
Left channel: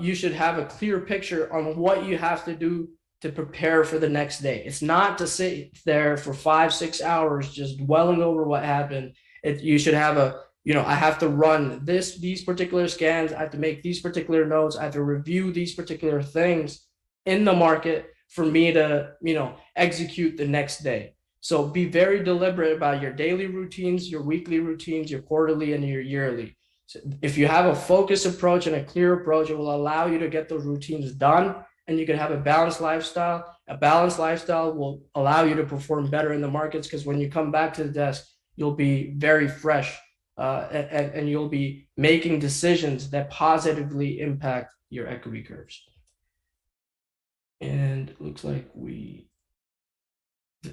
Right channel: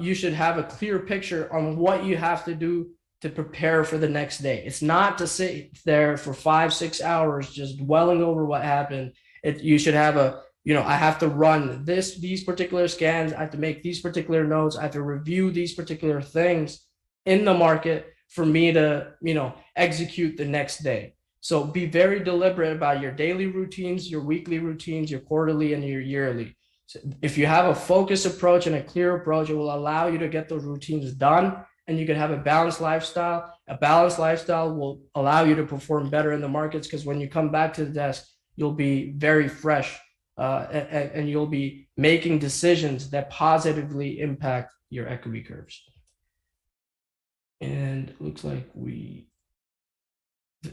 you should have a clear picture on what you have to do to prepare for the next day. It's not to sit there for 5-6 hours just dwelling over what happened. You should have I have to run these particular scans. I have to make these particular notes. I have to review these particular things in the market for me to, execute the next day. So be very deliberate about your daily routines, your weekly routines, your quarterly and your yearly. So if you have a focused approach and a clear approach, it will allow you to get those routines done, and you can have a balanced lifestyle. A balanced lifestyle will allow you to perform better in the markets, because when you come back to the desk, you'll be very fresh, and you'll be making decisions that positively impact your equity curves. And it looks like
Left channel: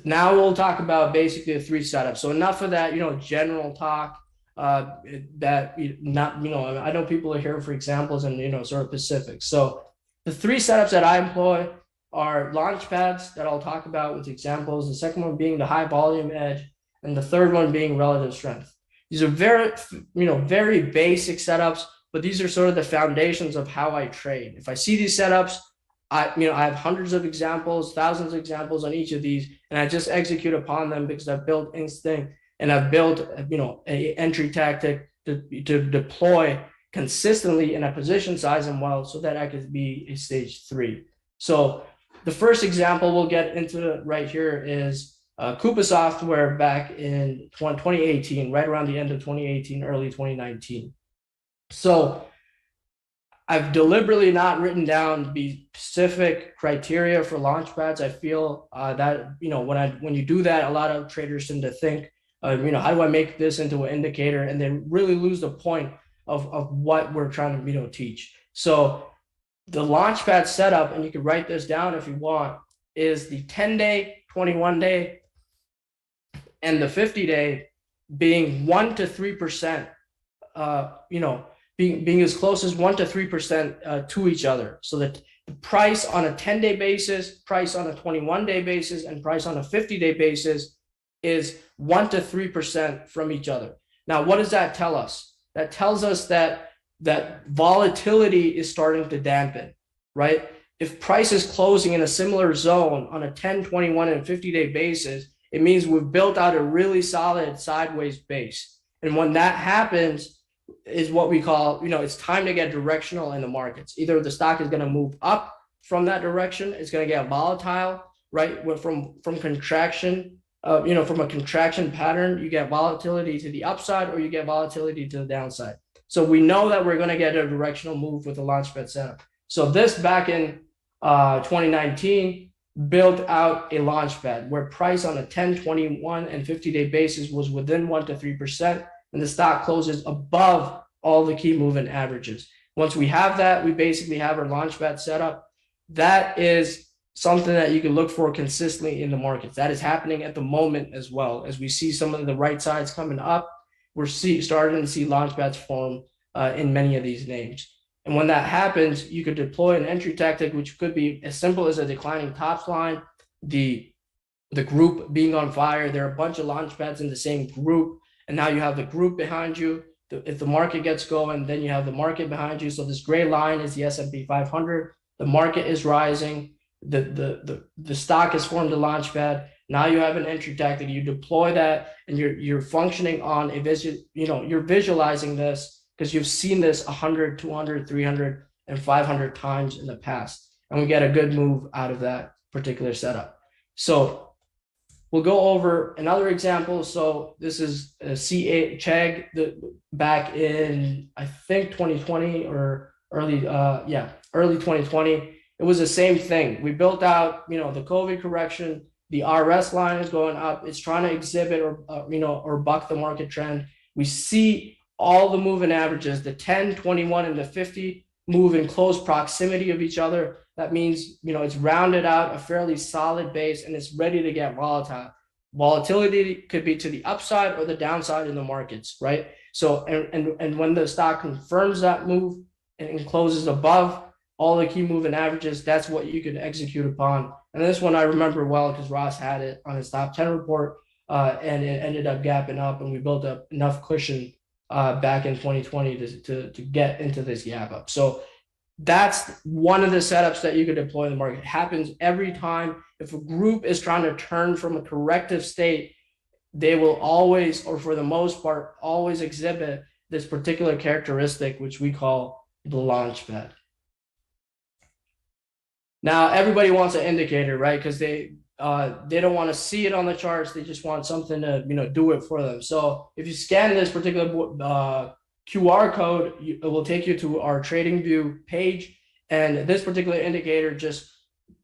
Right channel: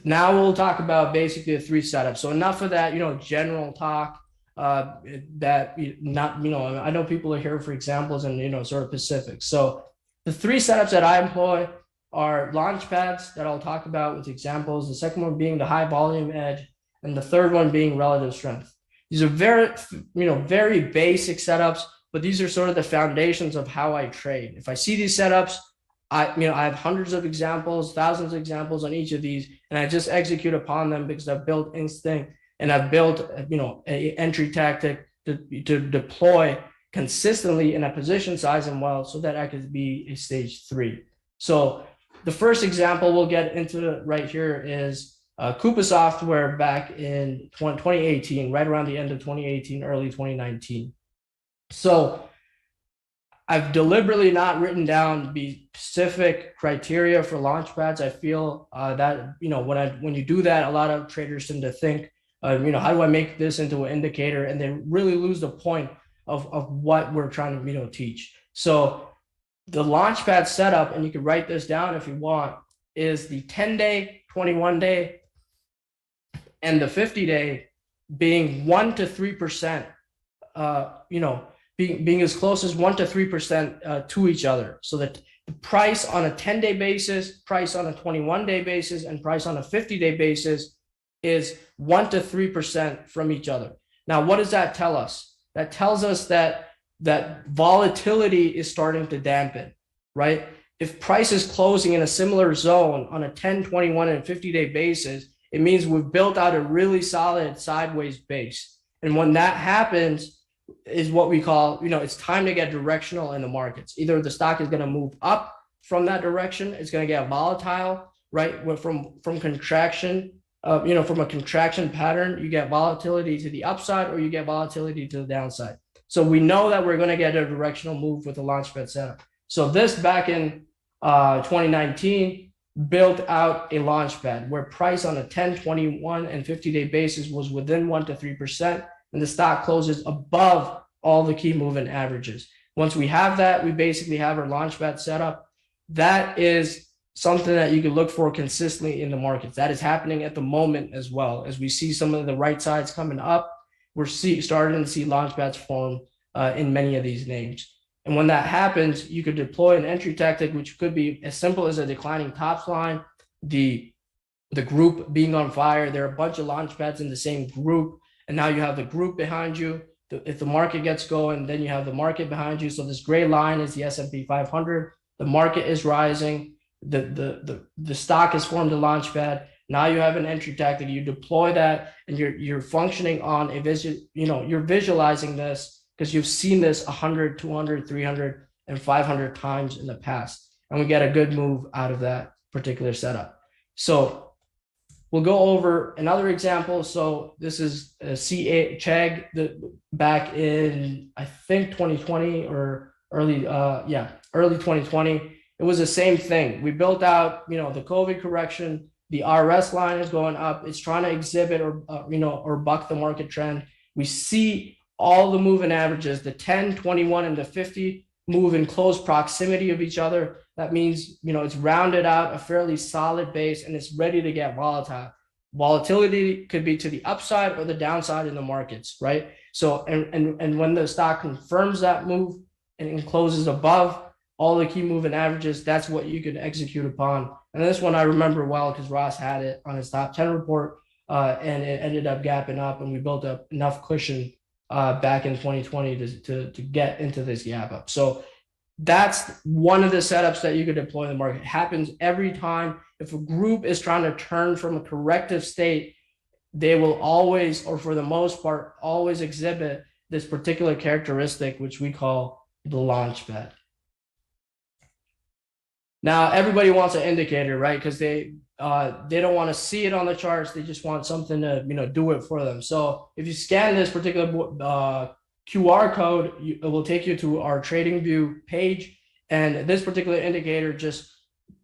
now we'll talk about basically the 3 setups. So enough of that, general talk. I know people are here for examples and sort of specifics. So the 3 setups that I employ are launch pads that I'll talk about with examples. The second one being the high volume edge, and the third one being relative strength. These are very, very basic setups, but these are sort of the foundations of how I trade. If I see these setups, I have hundreds of examples, thousands of examples on each of these, and I just execute upon them because I've built instinct and I've built, a entry tactic to deploy consistently in a position size and well, so that I could be a stage 3. So the first example we'll get into right here is Coupa Software back in 2018, right around the end of 2018, early 2019. So I've deliberately not written down the specific criteria for launch pads. I feel that when you do that, a lot of traders tend to think, how do I make this into an indicator, and then really lose the point of what we're trying to teach. So the launch pad setup, and you can write this down if you want, is the 10-day, 21-day, and the 50-day being 1 to 3%. Being as close as 1 to 3% to each other, so that the price on a 10-day basis, price on a 21-day basis, and price on a 50-day basis is 1 to 3% from each other. Now, what does that tell us? That tells us that volatility is starting to dampen. right? If price is closing in a similar zone on a 10, 21, and 50-day basis, it means we've built out a really solid sideways base. And when that happens, is what we call, it's time to get directional in the markets. Either the stock is going to move up from that direction, it's going to get volatile, right? From contraction, from a contraction pattern, you get volatility to the upside or you get volatility to the downside. So we know that we're going to get a directional move with the launchpad setup. So this back in 2019 built out a launchpad where price on a 10, 21, and 50-day basis was within 1 to 3%, and the stock closes above all the key moving averages. Once we have that, we basically have our launchpad set up. That is something that you can look for consistently in the markets. That is happening at the moment as well. As we see some of the right sides coming up, we're starting to see launchpads form in many of these names. And when that happens, you could deploy an entry tactic, which could be as simple as a declining tops line, the group being on fire. There are a bunch of launchpads in the same group, and now you have the group behind you. If the market gets going, then you have the market behind you. So this gray line is the S&P 500. The market is rising. The stock has formed a launchpad. Now you have an entry tactic. You deploy that, and you're functioning on a you're visualizing this because you've seen this 100, 200, 300, and 500 times in the past, and we get a good move out of that particular setup. So we'll go over another example. So this is a CA Chegg back in, I think, 2020 or early 2020. It was the same thing. We built out, the COVID correction. The RS line is going up. It's trying to exhibit or buck the market trend. We see all the moving averages, the 10, 21, and the 50 move in close proximity of each other. That means, it's rounded out a fairly solid base and it's ready to get volatile. Volatility could be to the upside or the downside in the markets, right? So, and when the stock confirms that move and closes above all the key moving averages, that's what you could execute upon. And this one I remember well because Ross had it on his top 10 report, and it ended up gapping up, and we built up enough cushion back in 2020 to get into this gap up. So that's one of the setups that you could deploy in the market. It happens every time. If a group is trying to turn from a corrective state, they will always, or for the most part, always exhibit this particular characteristic, which we call the launch pad. Now, everybody wants an indicator, right? Because they don't want to see it on the charts. They just want something to, do it for them. So if you scan this particular QR code, it will take you to our TradingView page. And this particular indicator just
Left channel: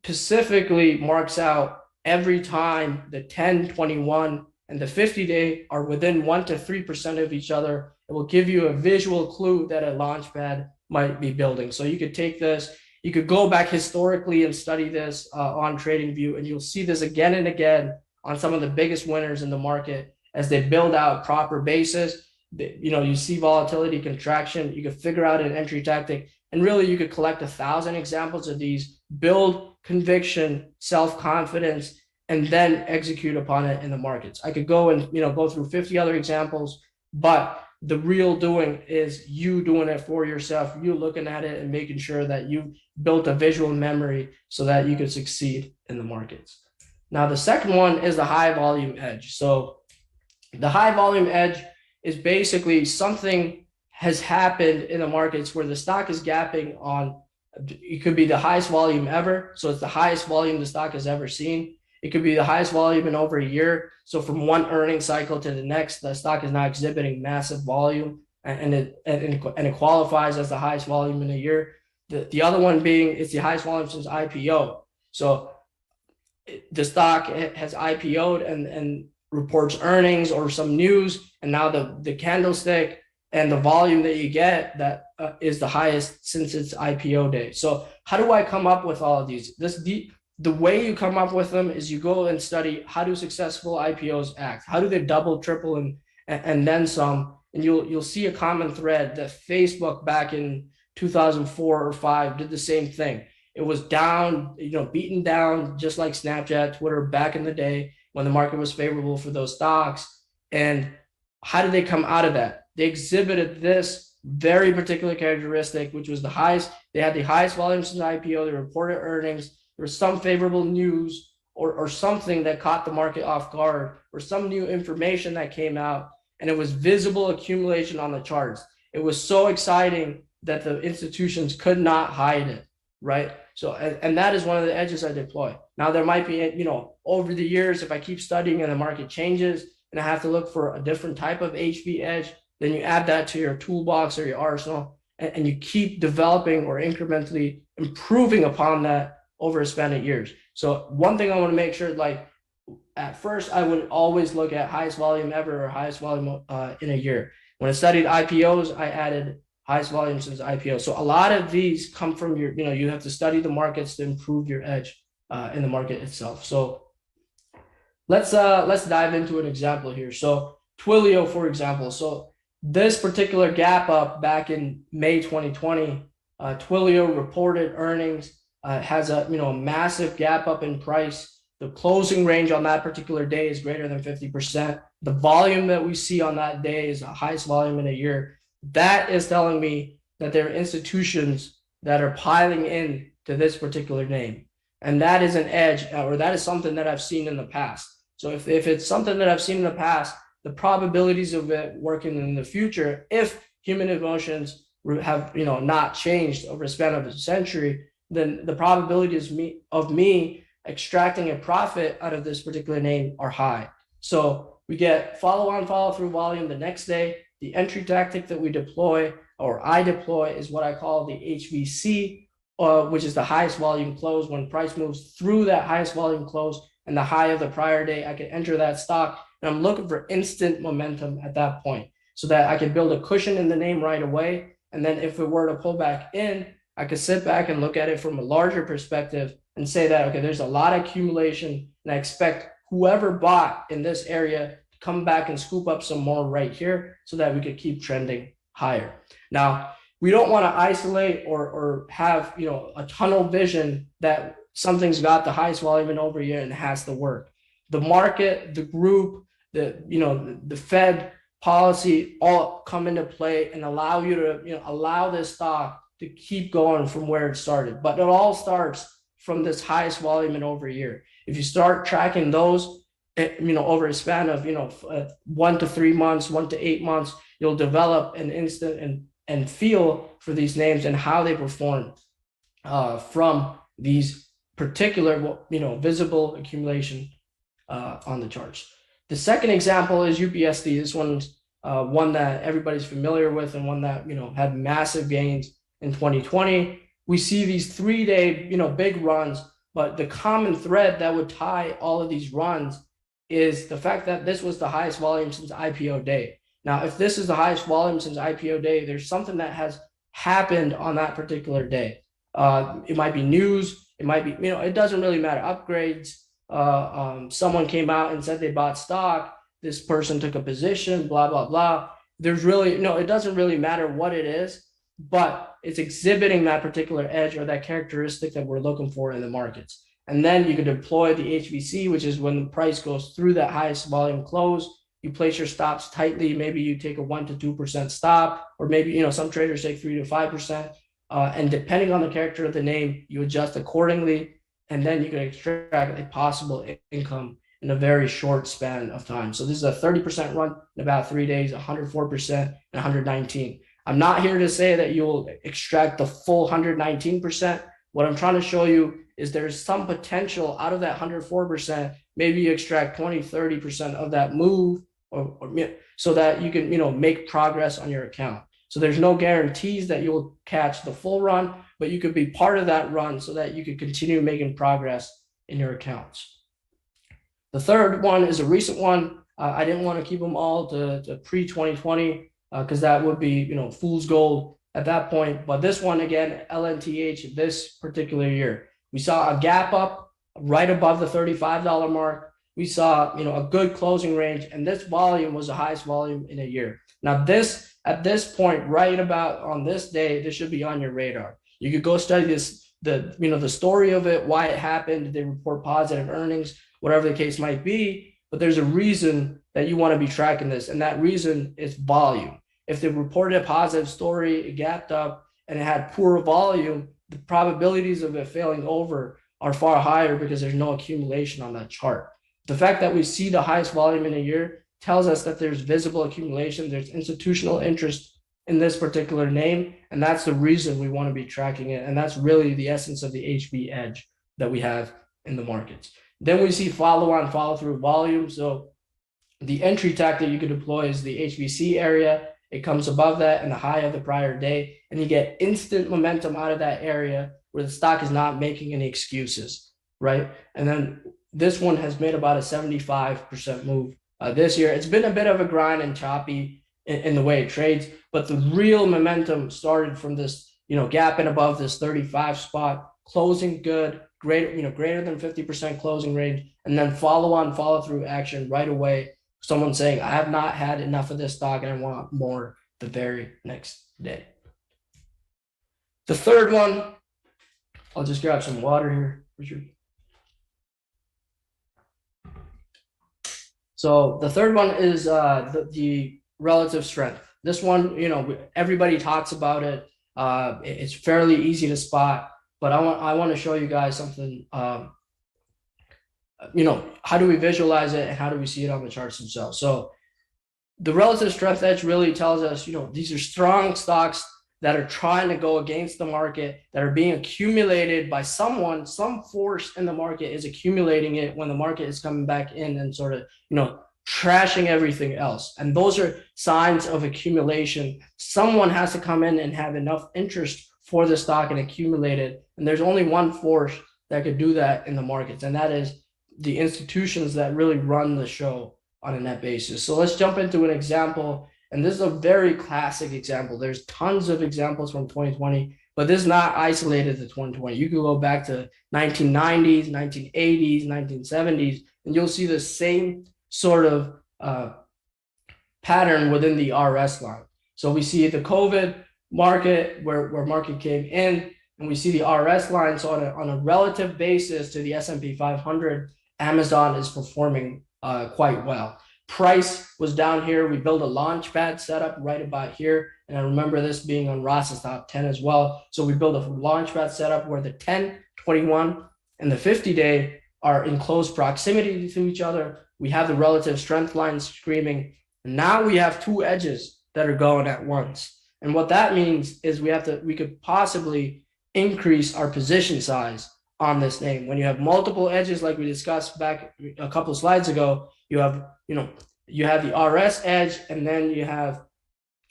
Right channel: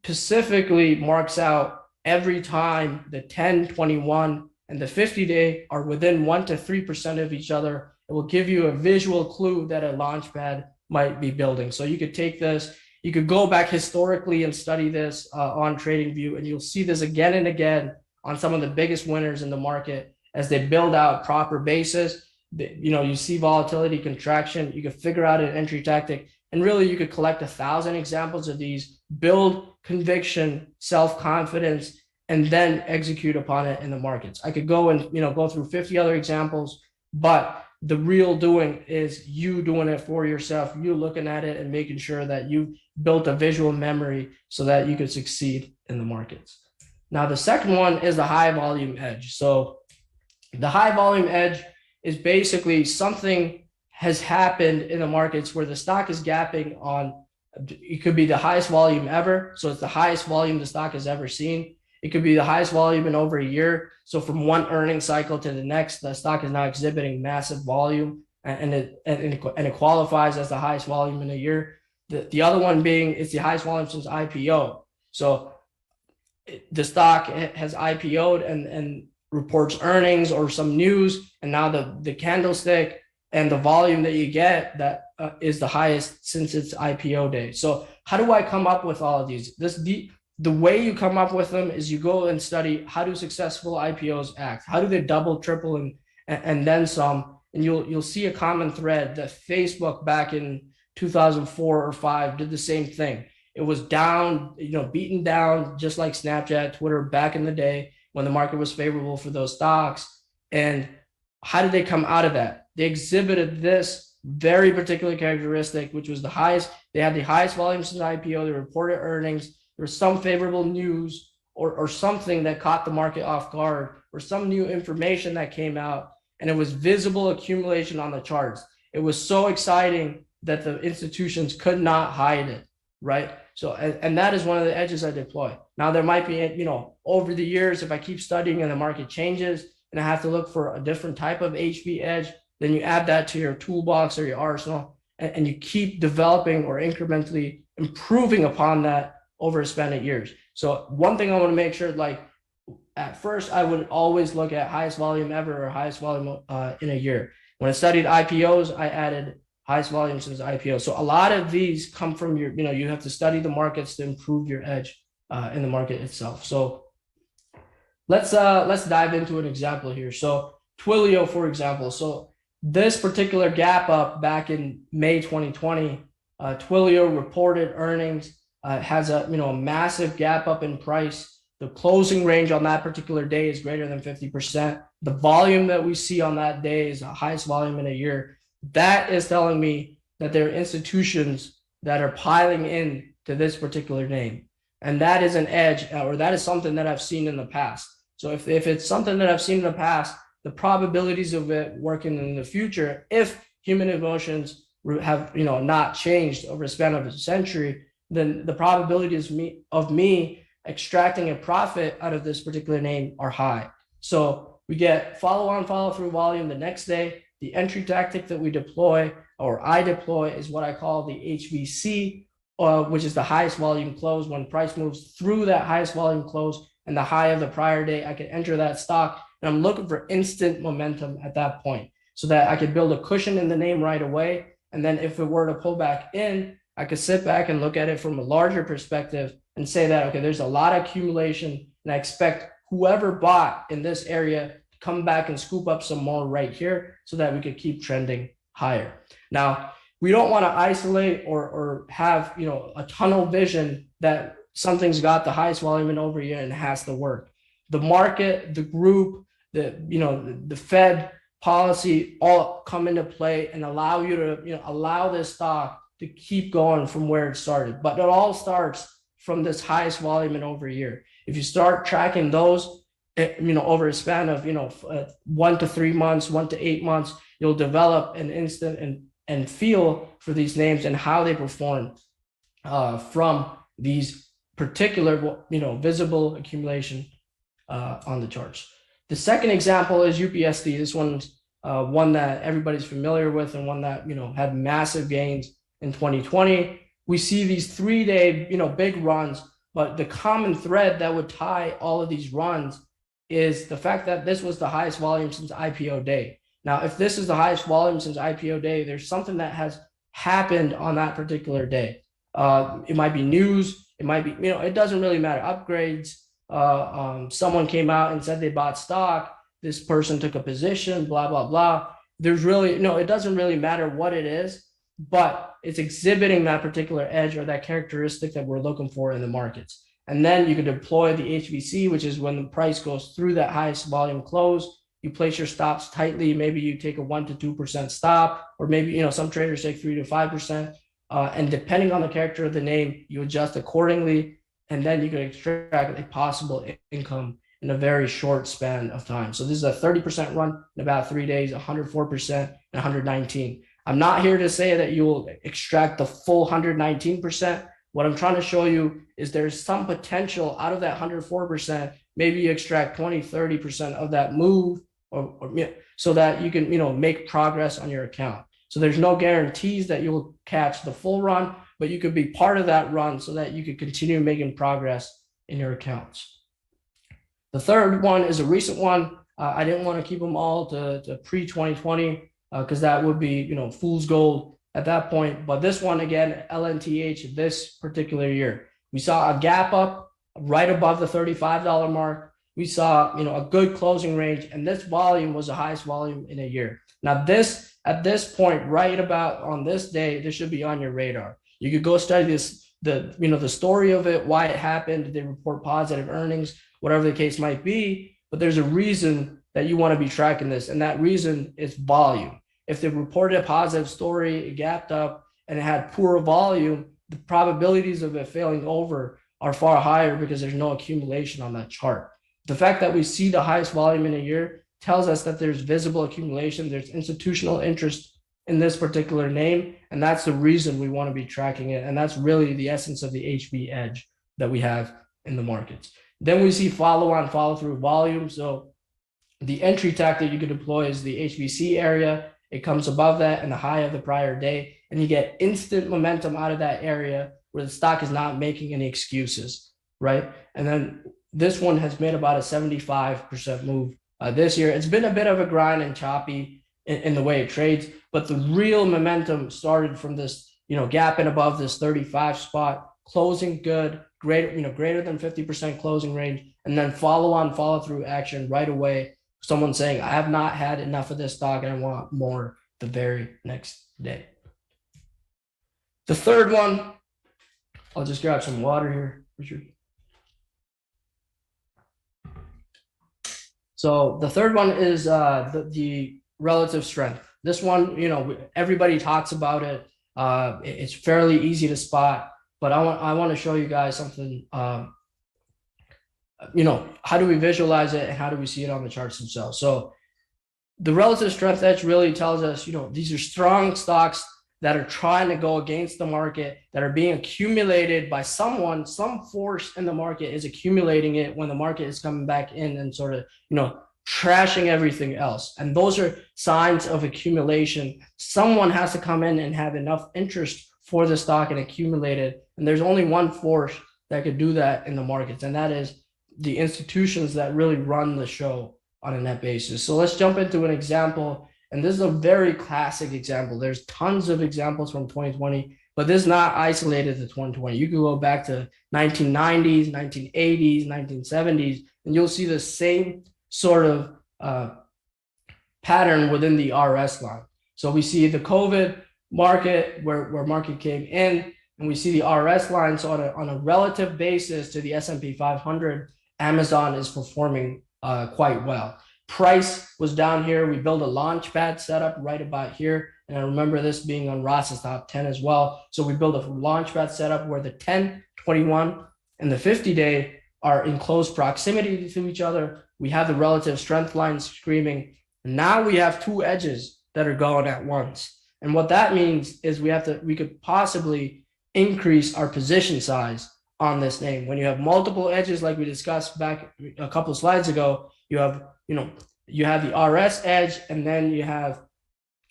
specifically marks out every time the 10, 21, and the 50-day are within 1 to 3% of each other. It will give you a visual clue that a launchpad might be building. So you could take this. You could go back historically and study this on TradingView, and you'll see this again and again on some of the biggest winners in the market as they build out proper bases. You see volatility, contraction. You could figure out an entry tactic, and really you could collect 1,000 examples of these, build conviction, self-confidence, and then execute upon it in the markets. I could go and go through 50 other examples, but the real doing is you doing it for yourself, you looking at it and making sure that you've built a visual memory so that you could succeed in the markets. Now, the second one is the high volume edge. So the high volume edge is basically something has happened in the markets where the stock is gapping on, it could be the highest volume ever. So it's the highest volume the stock has ever seen. It could be the highest volume in over a year. So from one earnings cycle to the next, the stock is now exhibiting massive volume, and it qualifies as the highest volume in a year. The other one being it's the highest volume since IPO. So the stock has IPO'd and reports earnings or some news, and now the candlestick and the volume that you get that is the highest since its IPO day. So how do I come up with all of these? The way you come up with them is you go and study how do successful IPOs act? How do they double, triple, and then some? And you'll see a common thread that Facebook back in 2004 or 5 did the same thing. It was down, beaten down, just like Snapchat, Twitter back in the day when the market was favorable for those stocks. And how did they come out of that? They exhibited this very particular characteristic, which was the highest. They had the highest volume since IPO. They reported earnings. There was some favorable news or something that caught the market off guard, or some new information that came out, and it was visible accumulation on the charts. It was so exciting that the institutions could not hide it, right? So, and that is one of the edges I deploy. Now, there might be, over the years, if I keep studying and the market changes and I have to look for a different type of HV edge, then you add that to your toolbox or your arsenal, and you keep developing or incrementally improving upon that over a span of years. So one thing I want to make sure, like, at first, I would always look at highest volume ever or highest volume in a year. When I studied IPOs, I added highest volume since IPO. So a lot of these come from your, you have to study the markets to improve your edge in the market itself. So let's dive into an example here. So Twilio, for example. So this particular gap up back in May 2020, Twilio reported earnings, has a massive gap up in price. The closing range on that particular day is greater than 50%. The volume that we see on that day is the highest volume in a year. That is telling me that there are institutions that are piling in to this particular name. And that is an edge, or that is something that I've seen in the past. So if it's something that I've seen in the past, the probabilities of it working in the future, if human emotions have not changed over a span of a century, then the probabilities of me extracting a profit out of this particular name are high. So we get follow-on, follow-through volume the next day. The entry tactic that we deploy, or I deploy, is what I call the HVC, which is the highest volume close. When price moves through that highest volume close and the high of the prior day, I can enter that stock, and I'm looking for instant momentum at that point so that I can build a cushion in the name right away. And then if it were to pull back in, I could sit back and look at it from a larger perspective and say that, okay, there's a lot of accumulation, and I expect whoever bought in this area to come back and scoop up some more right here so that we could keep trending higher. Now, we don't want to isolate or have a tunnel vision that something's got the highest volume in over a year and has to work. The market, the group, the Fed policy all come into play and allow you to allow this stock to keep going from where it started. But it all starts from this highest volume in over a year. If you start tracking those, over a span of 1 to 3 months, 1 to 8 months, you'll develop an instant and feel for these names and how they perform from these particular visible accumulation on the charts. The second example is UPSD. This one's one that everybody's familiar with, and one that had massive gains in 2020. We see these 3-day big runs, but the common thread that would tie all of these runs is the fact that this was the highest volume since IPO day. Now, if this is the highest volume since IPO day, there's something that has happened on that particular day. It might be news. It might be, it doesn't really matter. Upgrades. Someone came out and said they bought stock. This person took a position, blah, blah, blah. There's really, it doesn't really matter what it is, but it's exhibiting that particular edge or that characteristic that we're looking for in the markets. And then you could deploy the HVC, which is when the price goes through that highest volume close. You place your stops tightly. Maybe you take a 1 to 2% stop, or maybe some traders take 3 to 5%. And depending on the character of the name, you adjust accordingly, and then you can extract a possible income in a very short span of time. So this is a 30% run in about 3 days, 104%, and 119. I'm not here to say that you will extract the full 119%. What I'm trying to show you is there's some potential out of that 104%. Maybe you extract 20, 30% of that move, or so that you can make progress on your account. So there's no guarantees that you will catch the full run, but you could be part of that run so that you could continue making progress in your accounts. The third one is a recent one. I didn't want to keep them all to pre-2020 because that would be fool's gold at that point. But this one, again, LNTH, this particular year, we saw a gap up right above the $35 mark. We saw a good closing range, and this volume was the highest volume in a year. Now this, at this point, right about on this day, this should be on your radar. You could go study this, the story of it, why it happened. They report positive earnings, whatever the case might be. But there's a reason that you want to be tracking this, and that reason is volume. if they reported a positive story, it gapped up, and it had poor volume, the probabilities of it failing over are far higher because there's no accumulation on that chart. The fact that we see the highest volume in a year tells us that there's visible accumulation, there's institutional interest in this particular name, and that's the reason we want to be tracking it. And that's really the essence of the HV edge that we have in the markets. Then we see follow-on, follow-through volume. So the entry tactic you could deploy is the HVC area. It comes above that and the high of the prior day, and you get instant momentum out of that area where the stock is not making any excuses, right? And then this one has made about a 75% move this year. It's been a bit of a grind and choppy in the way it trades, but the real momentum started from this, gapping above this 35 spot, closing good, greater than 50% closing range, and then follow through action right away. Someone saying, I have not had enough of this stock and I want more the very next day. The third one, I'll just grab some water here, Richard. So the third one is the relative strength. This one, everybody talks about it. It's fairly easy to spot, but I want to show you guys something. How do we visualize it and how do we see it on the charts themselves? So the relative strength edge really tells us, these are strong stocks that are trying to go against the market, that are being accumulated by someone, some force in the market is accumulating it when the market is coming back in and sort of, trashing everything else. And those are signs of accumulation. Someone has to come in and have enough interest for the stock and accumulate it. And there's only one force that could do that in the markets, and that is the institutions that really run the show on a net basis. So let's jump into an example. And this is a very classic example. There's tons of examples from 2020, but this is not isolated to 2020. You can go back to 1990s, 1980s, 1970s, and you'll see the same sort of pattern within the RS line. So we see the COVID market where market came in, and we see the RS line. So on a relative basis to the S&P 500, Amazon is performing quite well. Price was down here. We built a launch pad setup right about here. And I remember this being on Ross's top 10 as well. So we built a launch pad setup where the 10, 21, and the 50-day are in close proximity to each other. We have the relative strength lines screaming. And now we have two edges that are going at once. And what that means is we could possibly increase our position size on this name. When you have multiple edges, like we discussed back a couple of slides ago, you have the RS edge, and then you have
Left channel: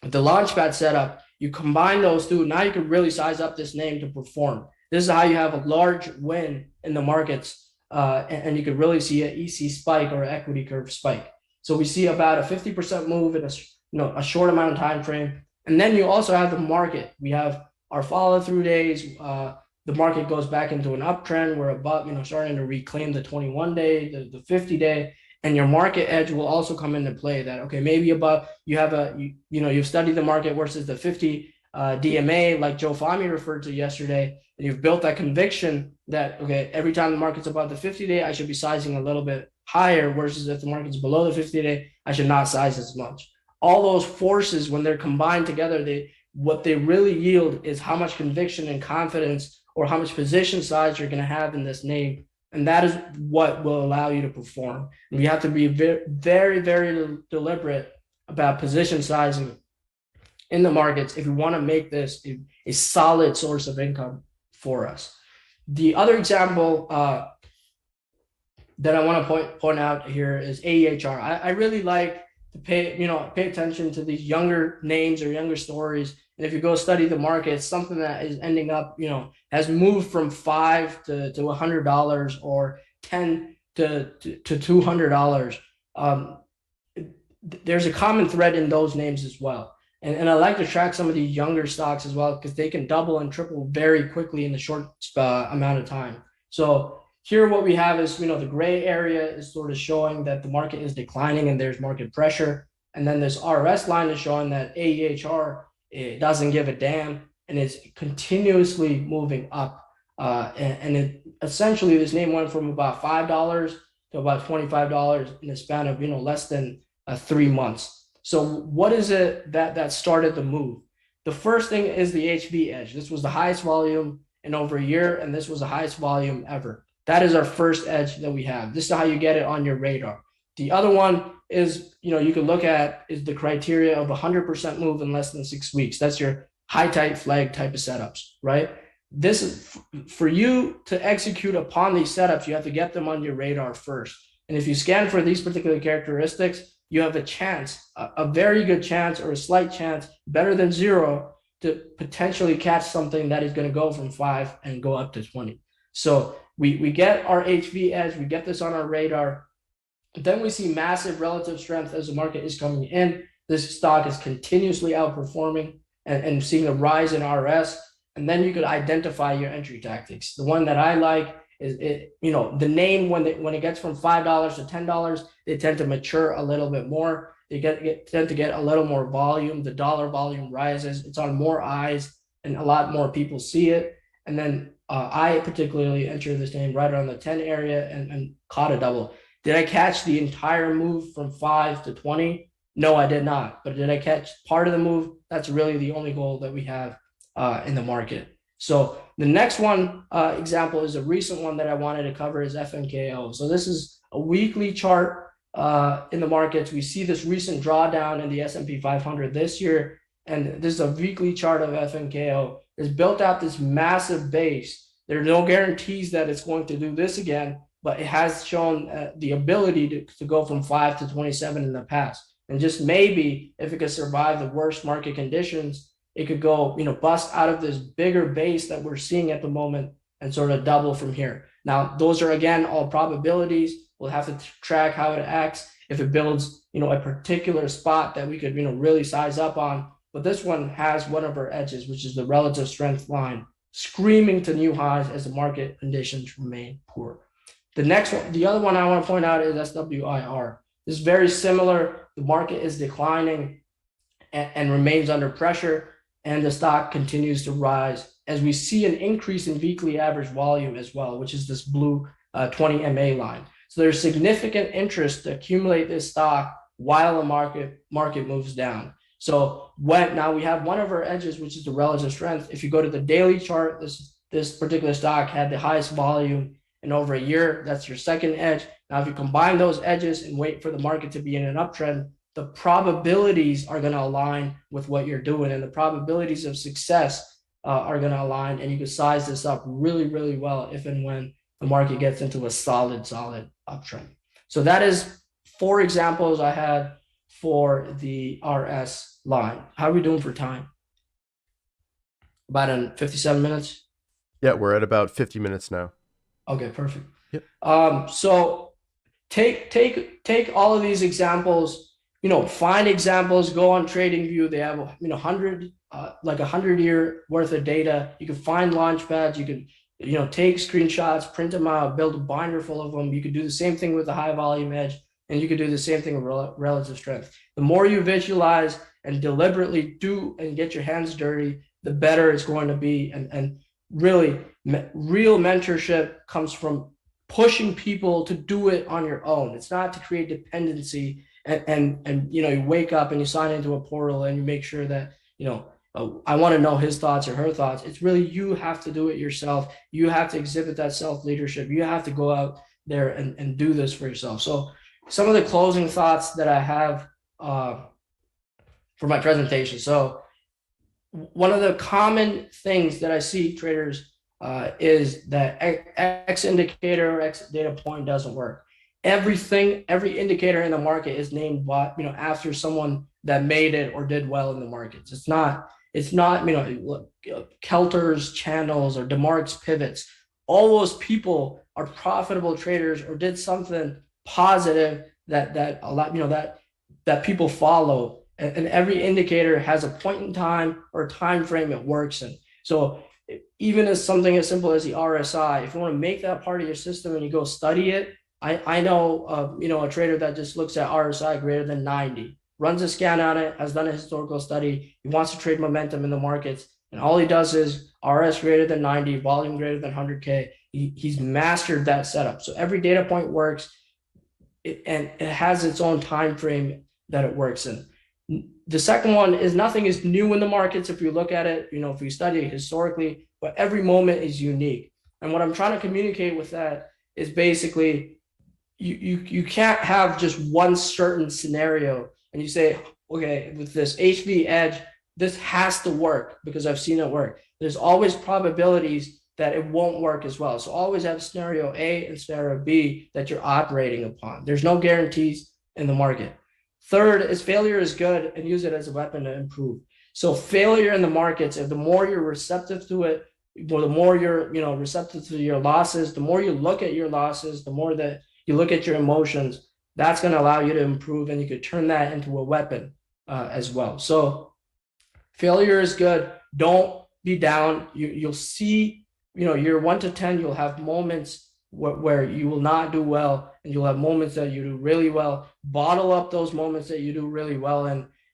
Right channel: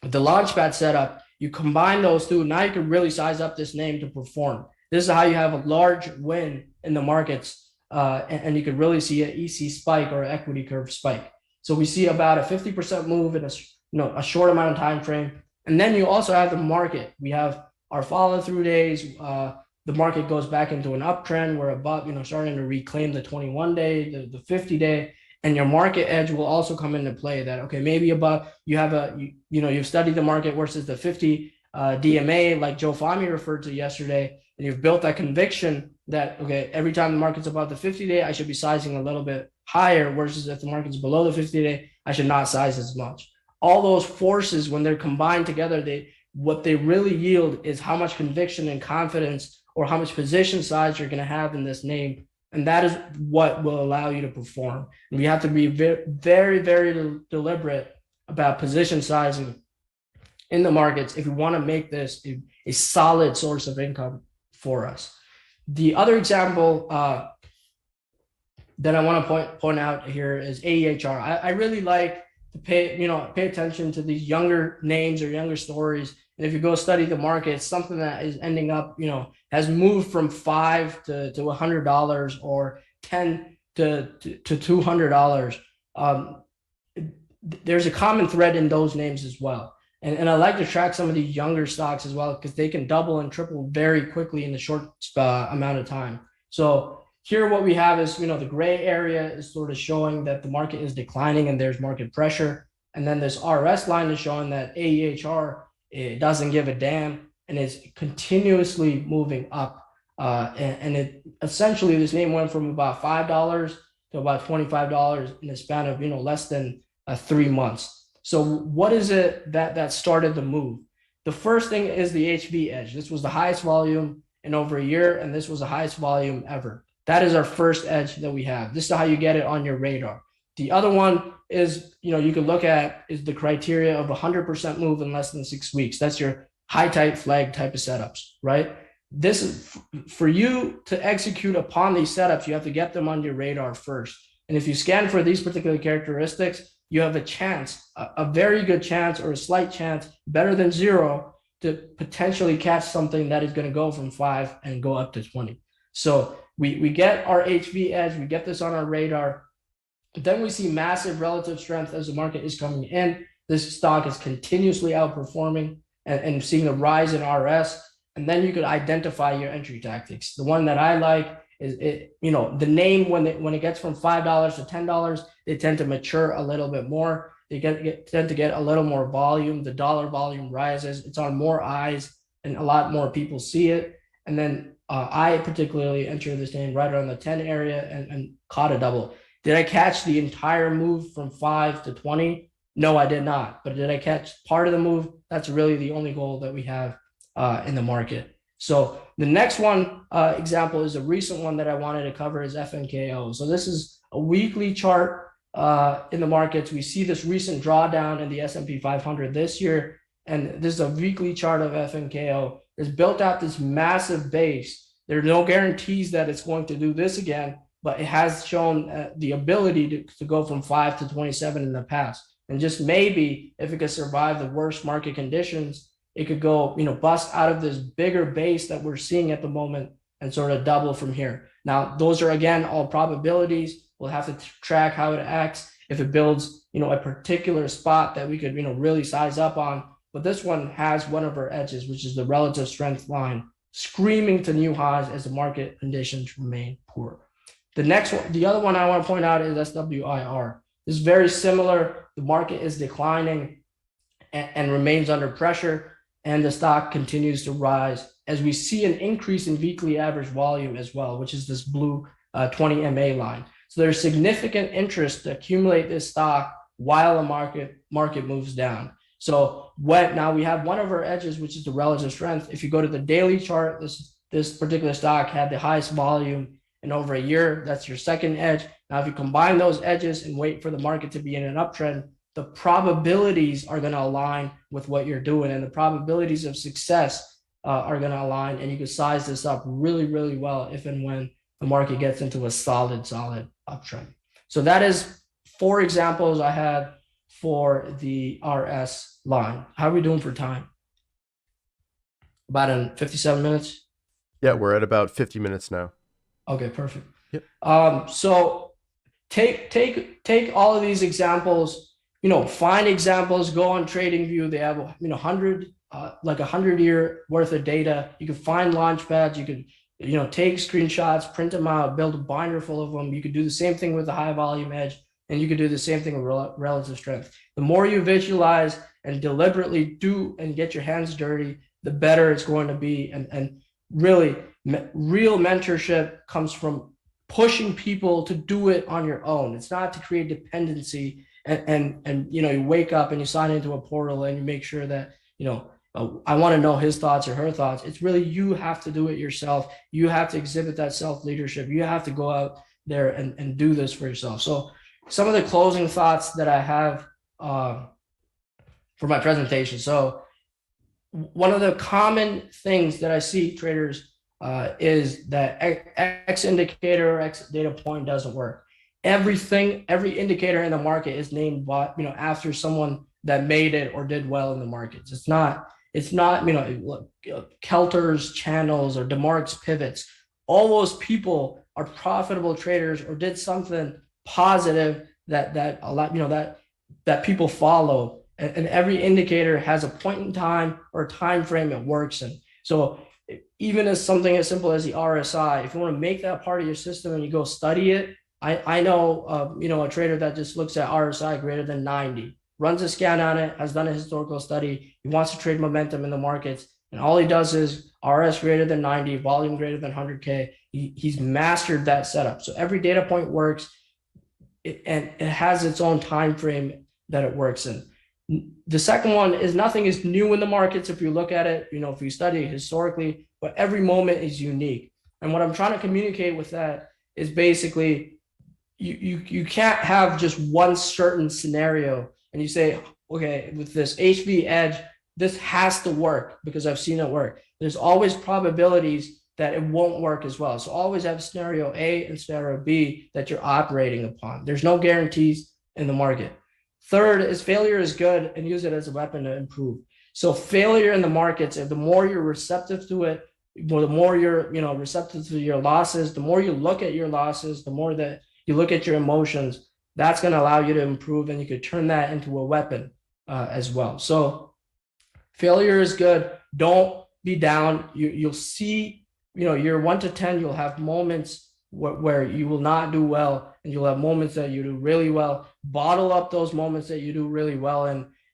the launchpad setup. You combine those two. Now you can really size up this name to perform. This is how you have a large win in the markets, and you can really see an EC spike or an equity curve spike. So we see about a 50% move in a short amount of time frame. And then you also have the market. We have our follow through days. The market goes back into an uptrend. We're above, starting to reclaim the 21-day, the 50-day. And your market edge will also come into play that, okay, maybe above you've studied the market versus the 50 DMA, like Joe Fahmy referred to yesterday, and you've built that conviction that, okay, every time the market's above the 50-day, I should be sizing a little bit higher, versus if the market's below the 50-day, I should not size as much. All those forces, when they're combined together, what they really yield is how much conviction and confidence or how much position size you're going to have in this name. And that is what will allow you to perform. And we have to be very, very deliberate about position sizing in the markets if we want to make this a solid source of income for us. The other example that I want to point out here is AEHR. I really like to pay attention to these younger names or younger stories. And if you go study the market, it's something that is ending up, has moved from $5 to $100 or $10 to $200. There's a common thread in those names as well. And I like to track some of these younger stocks as well, because they can double and triple very quickly in the short amount of time. So here what we have is, the gray area is sort of showing that the market is declining and there's market pressure. And then this RS line is showing that AEHR, it doesn't give a damn, and it's continuously moving up. And it essentially, this name went from about $5 to about $25 in the span of, less than 3 months. So what is it that started the move? The first thing is the HV edge. This was the highest volume in over a year, and this was the highest volume ever. That is our first edge that we have. This is how you get it on your radar. The other one is, you can look at is the criteria of 100% move in less than 6 weeks. That's your high tight flag type of setups, right? This is for you to execute upon these setups. You have to get them on your radar first. And if you scan for these particular characteristics, you have a chance, a very good chance or a slight chance, better than zero, to potentially catch something that is going to go from 5 and go up to 20. So we get our HV edge, we get this on our radar. Then we see massive relative strength as the market is coming in. This stock is continuously outperforming and seeing a rise in RS. And then you could identify your entry tactics. The one that I like is the name when it gets from $5 to $10, they tend to mature a little bit more. They tend to get a little more volume. The dollar volume rises. It's on more eyes, and a lot more people see it. And then I particularly entered this name right around the 10 area and caught a double. Did I catch the entire move from 5 to 20? No, I did not. But did I catch part of the move? That's really the only goal that we have in the market. So the next one example is a recent one that I wanted to cover is FNKO. So this is a weekly chart in the markets. We see this recent drawdown in the S&P 500 this year, and this is a weekly chart of FNKO. It's built out this massive base. There are no guarantees that it's going to do this again, but it has shown the ability to go from 5 to 27 in the past. And just maybe if it could survive the worst market conditions, it could go, bust out of this bigger base that we're seeing at the moment and sort of double from here. Now, those are, again, all probabilities. We'll have to track how it acts. If it builds, a particular spot that we could, really size up on. But this one has one of our edges, which is the relative strength line, screaming to new highs as the market conditions remain poor. The next one, the other one I want to point out is SWIR. This is very similar. The market is declining and remains under pressure, and the stock continues to rise as we see an increase in weekly average volume as well, which is this blue 20 MA line. So there's significant interest to accumulate this stock while the market moves down. So now we have one of our edges, which is the relative strength. If you go to the daily chart, this particular stock had the highest volume in over a year. That's your second edge. Now, if you combine those edges and wait for the market to be in an uptrend, the probabilities are going to align with what you're doing, and the probabilities of success are going to align, and you can size this up really, really well if and when the market gets into a solid uptrend. So that is 4 examples I had for the RS line. How are we doing for time? About in 57 minutes? Yeah, we're at about 50 minutes now. Okay, perfect. Yep. So take all of these examples, find examples, go on TradingView. They have, 100-year worth of data. You can find launch pads. You can, take screenshots, print them out, build a binder full of them. You could do the same thing with the high volume edge, and you could do the same thing with relative strength. The more you visualize and deliberately do and get your hands dirty, the better it's going to be. And really, real mentorship comes from pushing people to do it on your own. It's not to create dependency and you wake up and you sign into a portal and you make sure that, I want to know his thoughts or her thoughts. It's really, you have to do it yourself. You have to exhibit that self-leadership. You have to go out there and do this for yourself. So some of the closing thoughts that I have for my presentation. So one of the common things that I see traders is that X indicator or X data point doesn't work. Every indicator in the market is named after someone that made it or did well in the markets. It's not Kelter's channels or DeMark's pivots. All those people are profitable traders or did something positive that people follow. And every indicator has a point in time or a time frame it works in. So even as something as simple as the RSI, if you want to make that part of your system and you go study it, I know a trader that just looks at RSI greater than 90, runs a scan on it, has done a historical study. He wants to trade momentum in the markets, and all he does is RS greater than 90, volume greater than 100K. He's mastered that setup. So every data point works, and it has its own time frame that it works in. The second one is nothing is new in the markets. If you look at it, if you study it historically, but every moment is unique. And what I'm trying to communicate with that is basically you can't have just one certain scenario and you say, okay, with this HV edge, this has to work because I've seen it work. There's always probabilities that it won't work as well. So always have scenario A and scenario B that you're operating upon. There's no guarantees in the market. Third is failure is good, and use it as a weapon to improve. So failure in the markets, if the more you're receptive to it, the more you're receptive to your losses, the more you look at your losses, the more that you look at your emotions, that's going to allow you to improve, and you could turn that into a weapon as well. So failure is good. Don't be down. You'll see, year 1 to 10, you'll have moments where you will not do well, and you'll have moments that you do really well. Bottle up those moments that you do really well,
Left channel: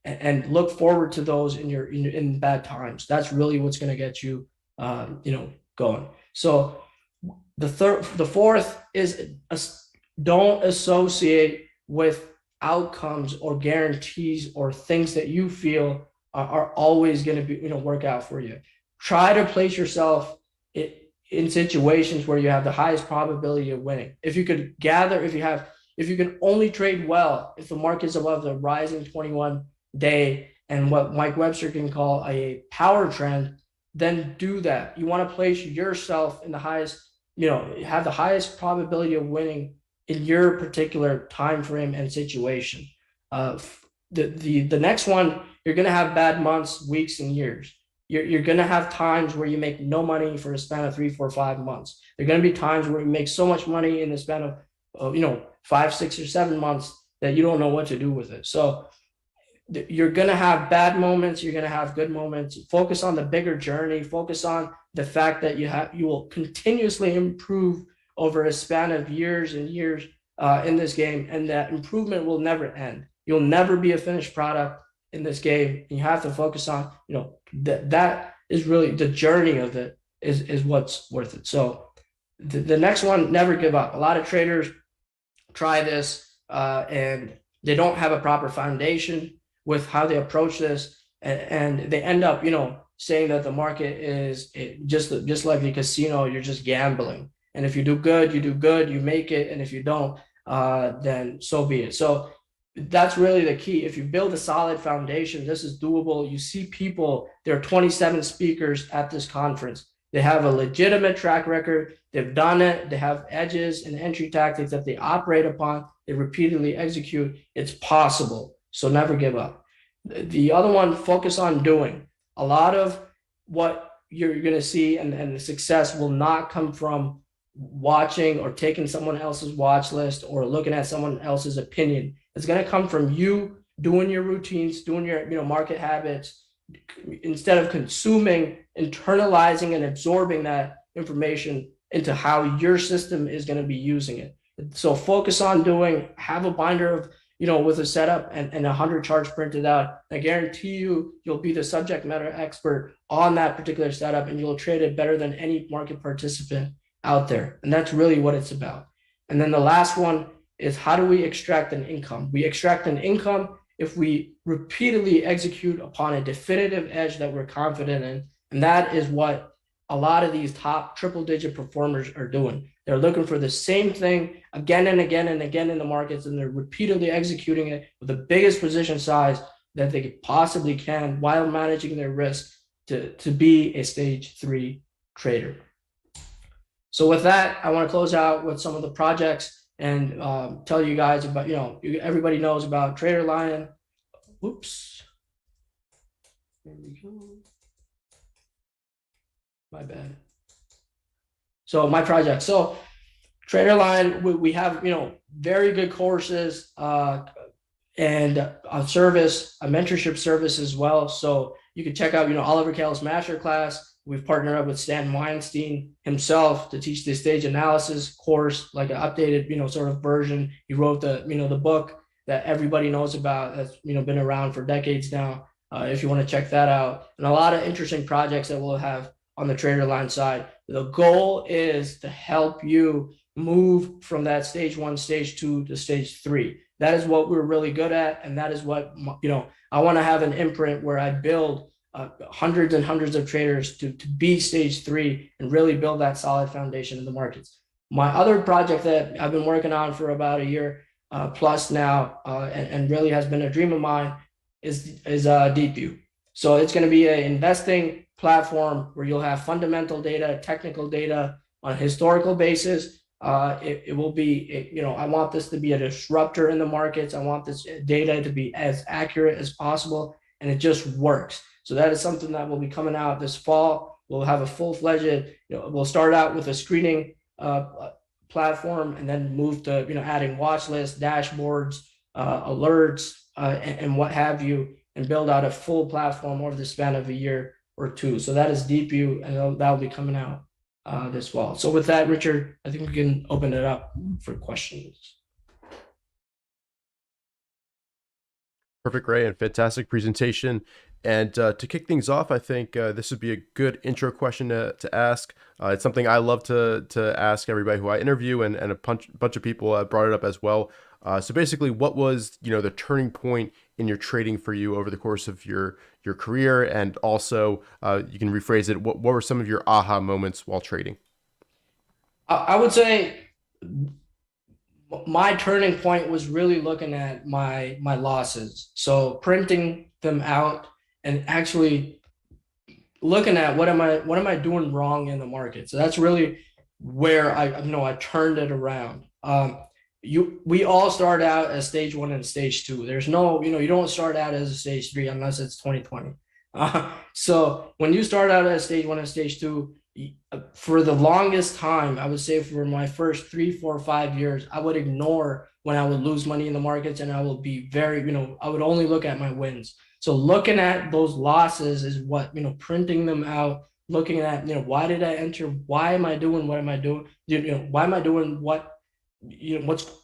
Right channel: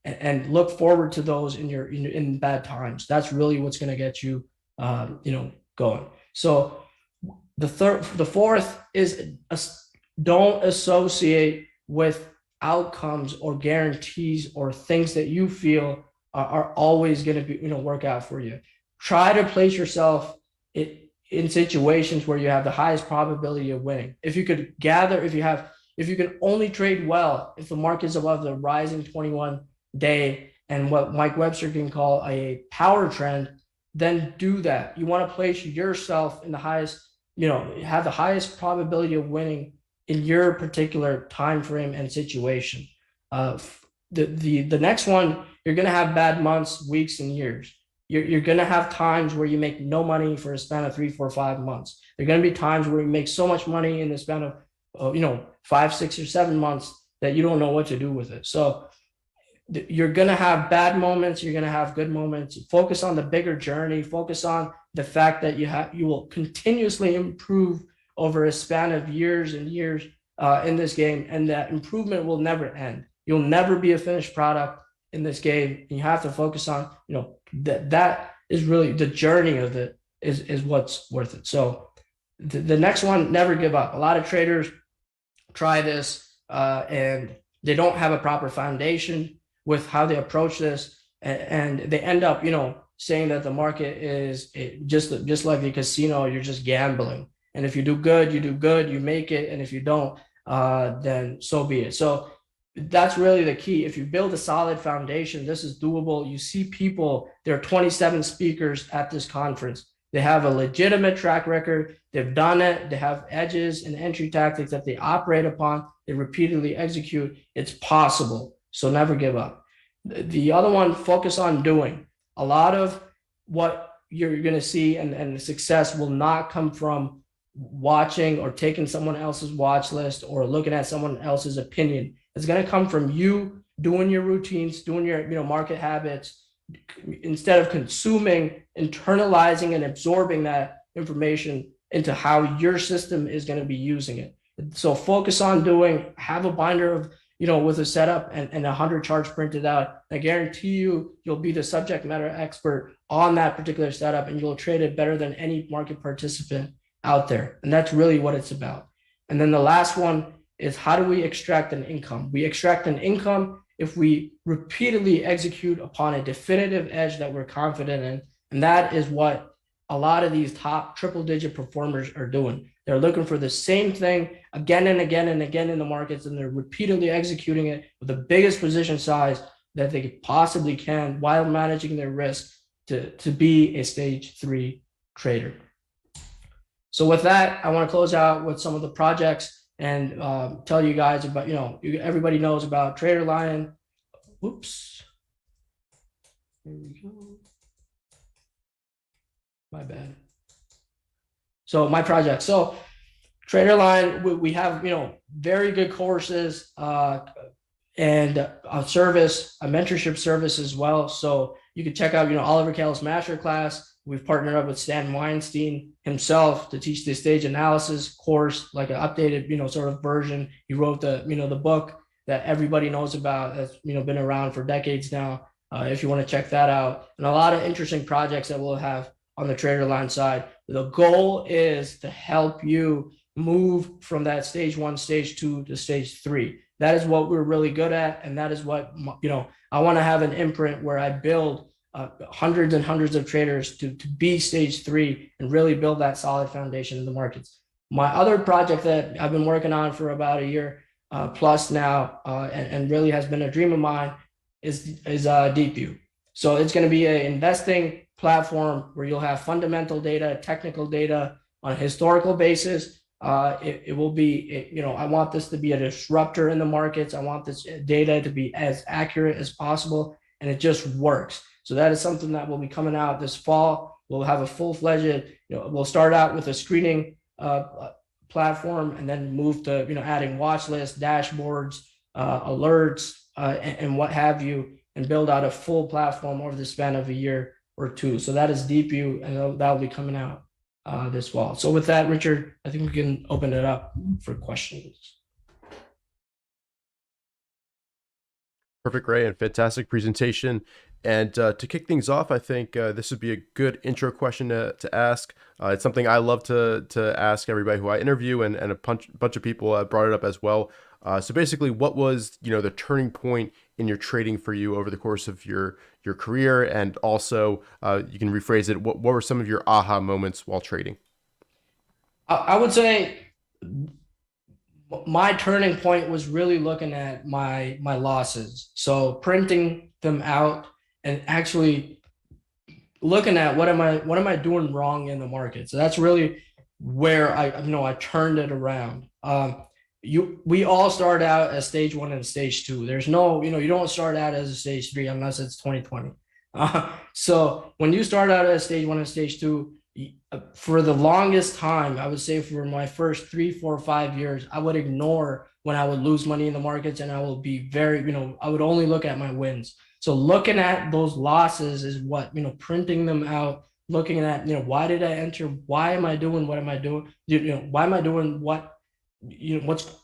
and look forward to those in bad times. That's really what's going to get you, going. So the fourth is don't associate with outcomes or guarantees or things that you feel are always going to be, work out for you. Try to place yourself in situations where you have the highest probability of winning. If you can only trade well if the market's above the rising 21-day and what Mike Webster can call a power trend, then do that. You want to place yourself in the highest, have the highest probability of winning in your particular time frame and situation. The next one, you're going to have bad months, weeks, and years. You're going to have times where you make no money for a span of 3, 4, 5 months. There are going to be times where you make so much money in the span of 5, 6, or 7 months that you don't know what to do with it. So you're going to have bad moments. You're going to have good moments. Focus on the bigger journey. Focus on the fact that you will continuously improve over a span of years and years in this game, and that improvement will never end. You'll never be a finished product in this game. You have to focus on, that is really the journey of it is what's worth it. So the next one, never give up. A lot of traders try this and they don't have a proper foundation with how they approach this, and they end up, saying that the market is just like the casino. You're just gambling, and if you do good, you make it, and if you don't, then so be it. So that's really the key. If you build a solid foundation, this is doable. You see people, there are 27 speakers at this conference. They have a legitimate track record. They've done it. They have edges and entry tactics that they operate upon. They repeatedly execute. It's possible. So never give up. The other one, focus on doing. A lot of what you're going to see and the success will not come from watching or taking someone else's watch list or looking at someone else's opinion. It's going to come from you doing your routines, doing your market habits, instead of consuming, internalizing, and absorbing that information into how your system is going to be using it. So focus on doing. Have a binder of with a setup and 100 charts printed out. I guarantee you'll be the subject matter expert on that particular setup, and you'll trade it better than any market participant out there. And that's really what it's about. And then the last one is, how do we extract an income? We extract an income if we repeatedly execute upon a definitive edge that we're confident in. And that is what a lot of these top triple-digit performers are doing. They're looking for the same thing again and again and again in the markets, and they're repeatedly executing it with the biggest position size that they possibly can while managing their risk to be a stage 3 trader. So with that, I want to close out with some of the projects and tell you guys about, everybody knows about TraderLion. Oops. There we go. My bad. So my project. So TraderLion, we have, very good courses and a service, a mentorship service as well. So you can check out, Oliver Kell's Masterclass. We've partnered up with Stan Weinstein himself to teach the stage analysis course, like an updated, sort of version. He wrote the book that everybody knows about, that's, been around for decades now. If you want to check that out, and a lot of interesting projects that we'll have on the TraderLion side. The goal is to help you move from that stage 1, stage 2 to stage 3. That is what we're really good at, and that is what, I want to have an imprint where I build hundreds and hundreds of traders to be stage three and really build that solid foundation in the markets. My other project that I've been working on for about a year plus now, and really has been a dream of mine, is Deep View. So it's going to be an investing platform where you'll have fundamental data, technical data on a historical basis. It will be, I want this to be a disruptor in the markets. I want this data to be as accurate as possible, and it just works. So that is something that will be coming out this fall. We'll have a full-fledged, we'll start out with a screening platform, and then move to, adding watch lists, dashboards, alerts, and what have you, and build out a full platform over the span of a year or two. So that is Deep View, and that will be coming out this fall. So with that, Richard, I think we can open it up for questions. Perfect, Ray, and fantastic presentation. And to kick things off, I think this would be a good intro question to ask. It's something I love to ask everybody who I interview, and a bunch of people brought it up as well. So basically, what was the turning point in your trading for you over the course of your career, and also you can rephrase it. What were some of your aha moments while trading? I would say my turning point was really looking at my losses, so printing them out and actually looking at what am I doing wrong in the market. So that's really where I turned it around. We all start out as stage one and stage two. There's no, you don't start out as a stage three unless it's 2020. So when you start out as stage one and stage two, for the longest time, I would say for my first 3, 4, 5 years, I would ignore when I would lose money in the markets, and I will be very, I would only look at my wins. So looking at those losses is what, printing them out, looking at, why did I enter? Why am I doing what am I doing? Why am I doing what,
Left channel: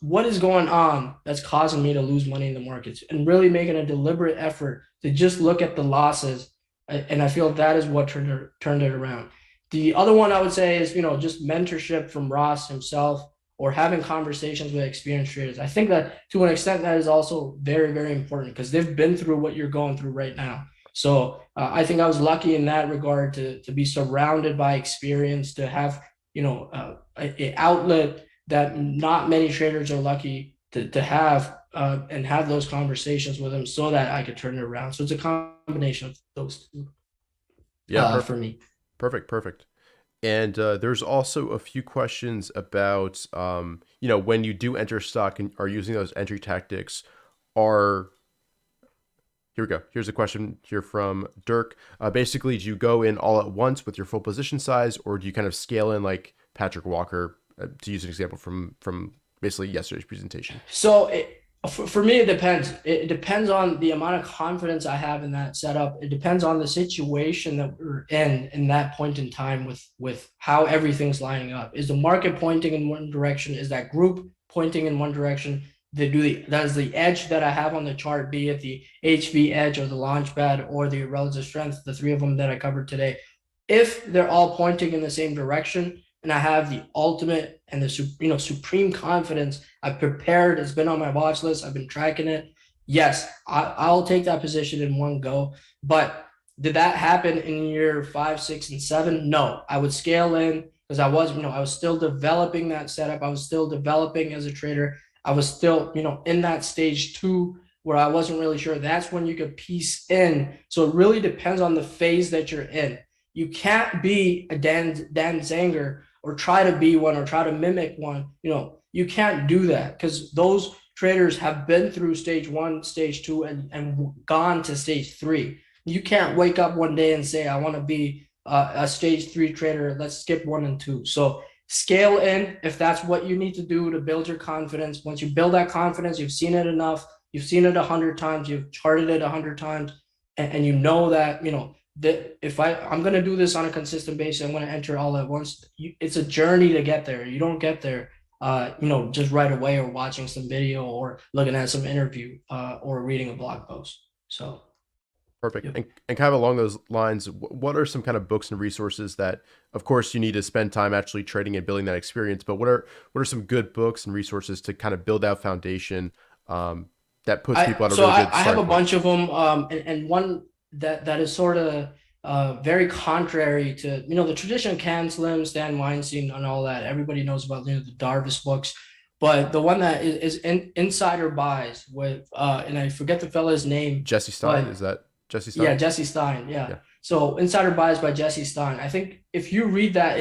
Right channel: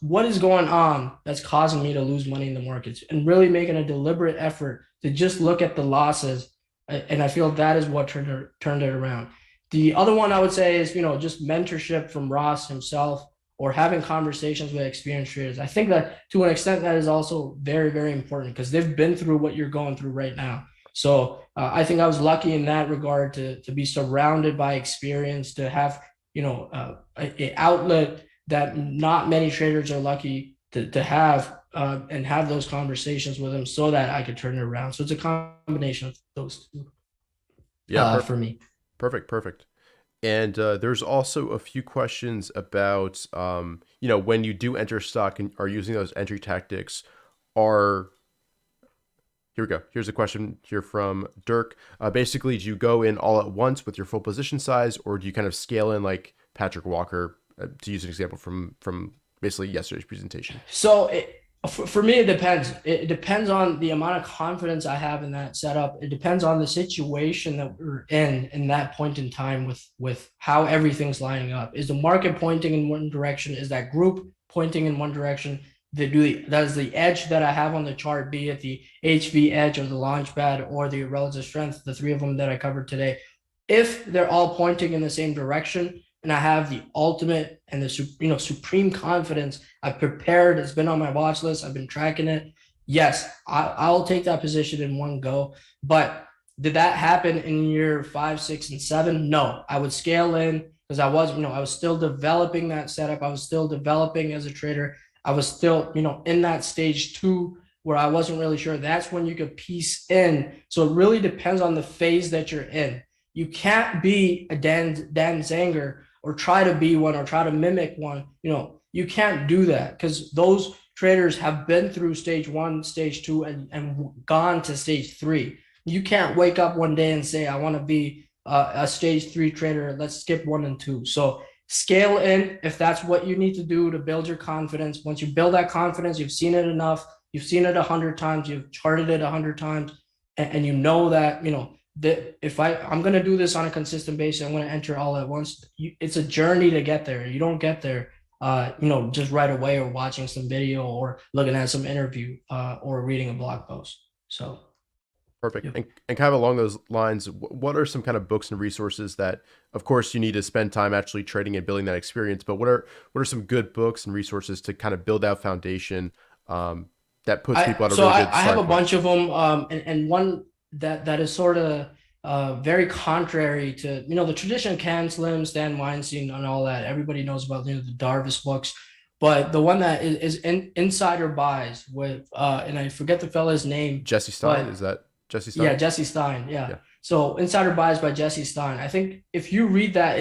what is going on that's causing me to lose money in the markets, and really making a deliberate effort to just look at the losses. And I feel that is what turned it around. The other one I would say is, just mentorship from Ross himself, or having conversations with experienced traders. I think that to an extent that is also very, very important, because they've been through what you're going through right now. So I think I was lucky in that regard to be surrounded by experience, to have, an outlet that not many traders are lucky to have, and have those conversations with them so that I could turn it around. So it's a combination of those two. Yeah, for me. Perfect. And there's also a few questions about, when you do enter stock and are using those entry tactics, here we go. Here's a question here from Dirk. Basically, do you go in all at once with your full position size, or do you kind of scale in like Patrick Walker, to use an example from basically yesterday's presentation? So for me, it depends. It depends on the amount of confidence I have in that setup. It depends on the situation that we're in that point in time, with how everything's lining up. Is the market pointing in one direction? Is that group pointing in one direction? That is the edge that I have on the chart, be it the HV edge or the launchpad or the relative strength, the three of them that I covered today. If they're all pointing in the same direction, and I have the ultimate and the supreme confidence, I've prepared, it's been on my watch list, I've been tracking it, yes, I'll take that position in one go. But did that happen in year 5, 6, and 7? No. I would scale in, because I was still developing that setup. I was still developing as a trader. I was still, in that stage 2 where I wasn't really sure. That's when you could piece in. So it really depends on the phase that you're in. You can't be a Dan Zanger, or try to be one, or try to mimic one. You can't do that, because those traders have been through stage 1, stage 2, and gone to stage 3. You can't wake up one day and say, I want to be a stage 3 trader. Let's skip 1 and 2. So scale in if that's what you need to do to build your confidence. Once you build that confidence, you've seen it enough. You've seen it 100 times. You've charted it 100 times, and you know that, that if I'm going to do this on a consistent basis, I'm going to enter all at once. It's a journey to get there. You don't get there, just right away, or watching some video, or looking at some interview, or reading a blog post. So. Perfect. Yep. And kind of along those lines, what are some kind of books and resources that, of course, you need to spend time actually trading and building that experience, but what are some good books and resources to kind of build that foundation that puts people at a So really good I have starting a point. bunch of them, and one that is sort of very contrary to the tradition of Can Slim, Stan Weinstein, and all that. Everybody knows about the Darvis books, but the one that is insider buys with and I forget the fella's name, Jesse Stein, but is that Jesse yeah, Stein? Jesse Stein. Yeah. Yeah. So Insider Buys by Jesse Stein. I think if you read that,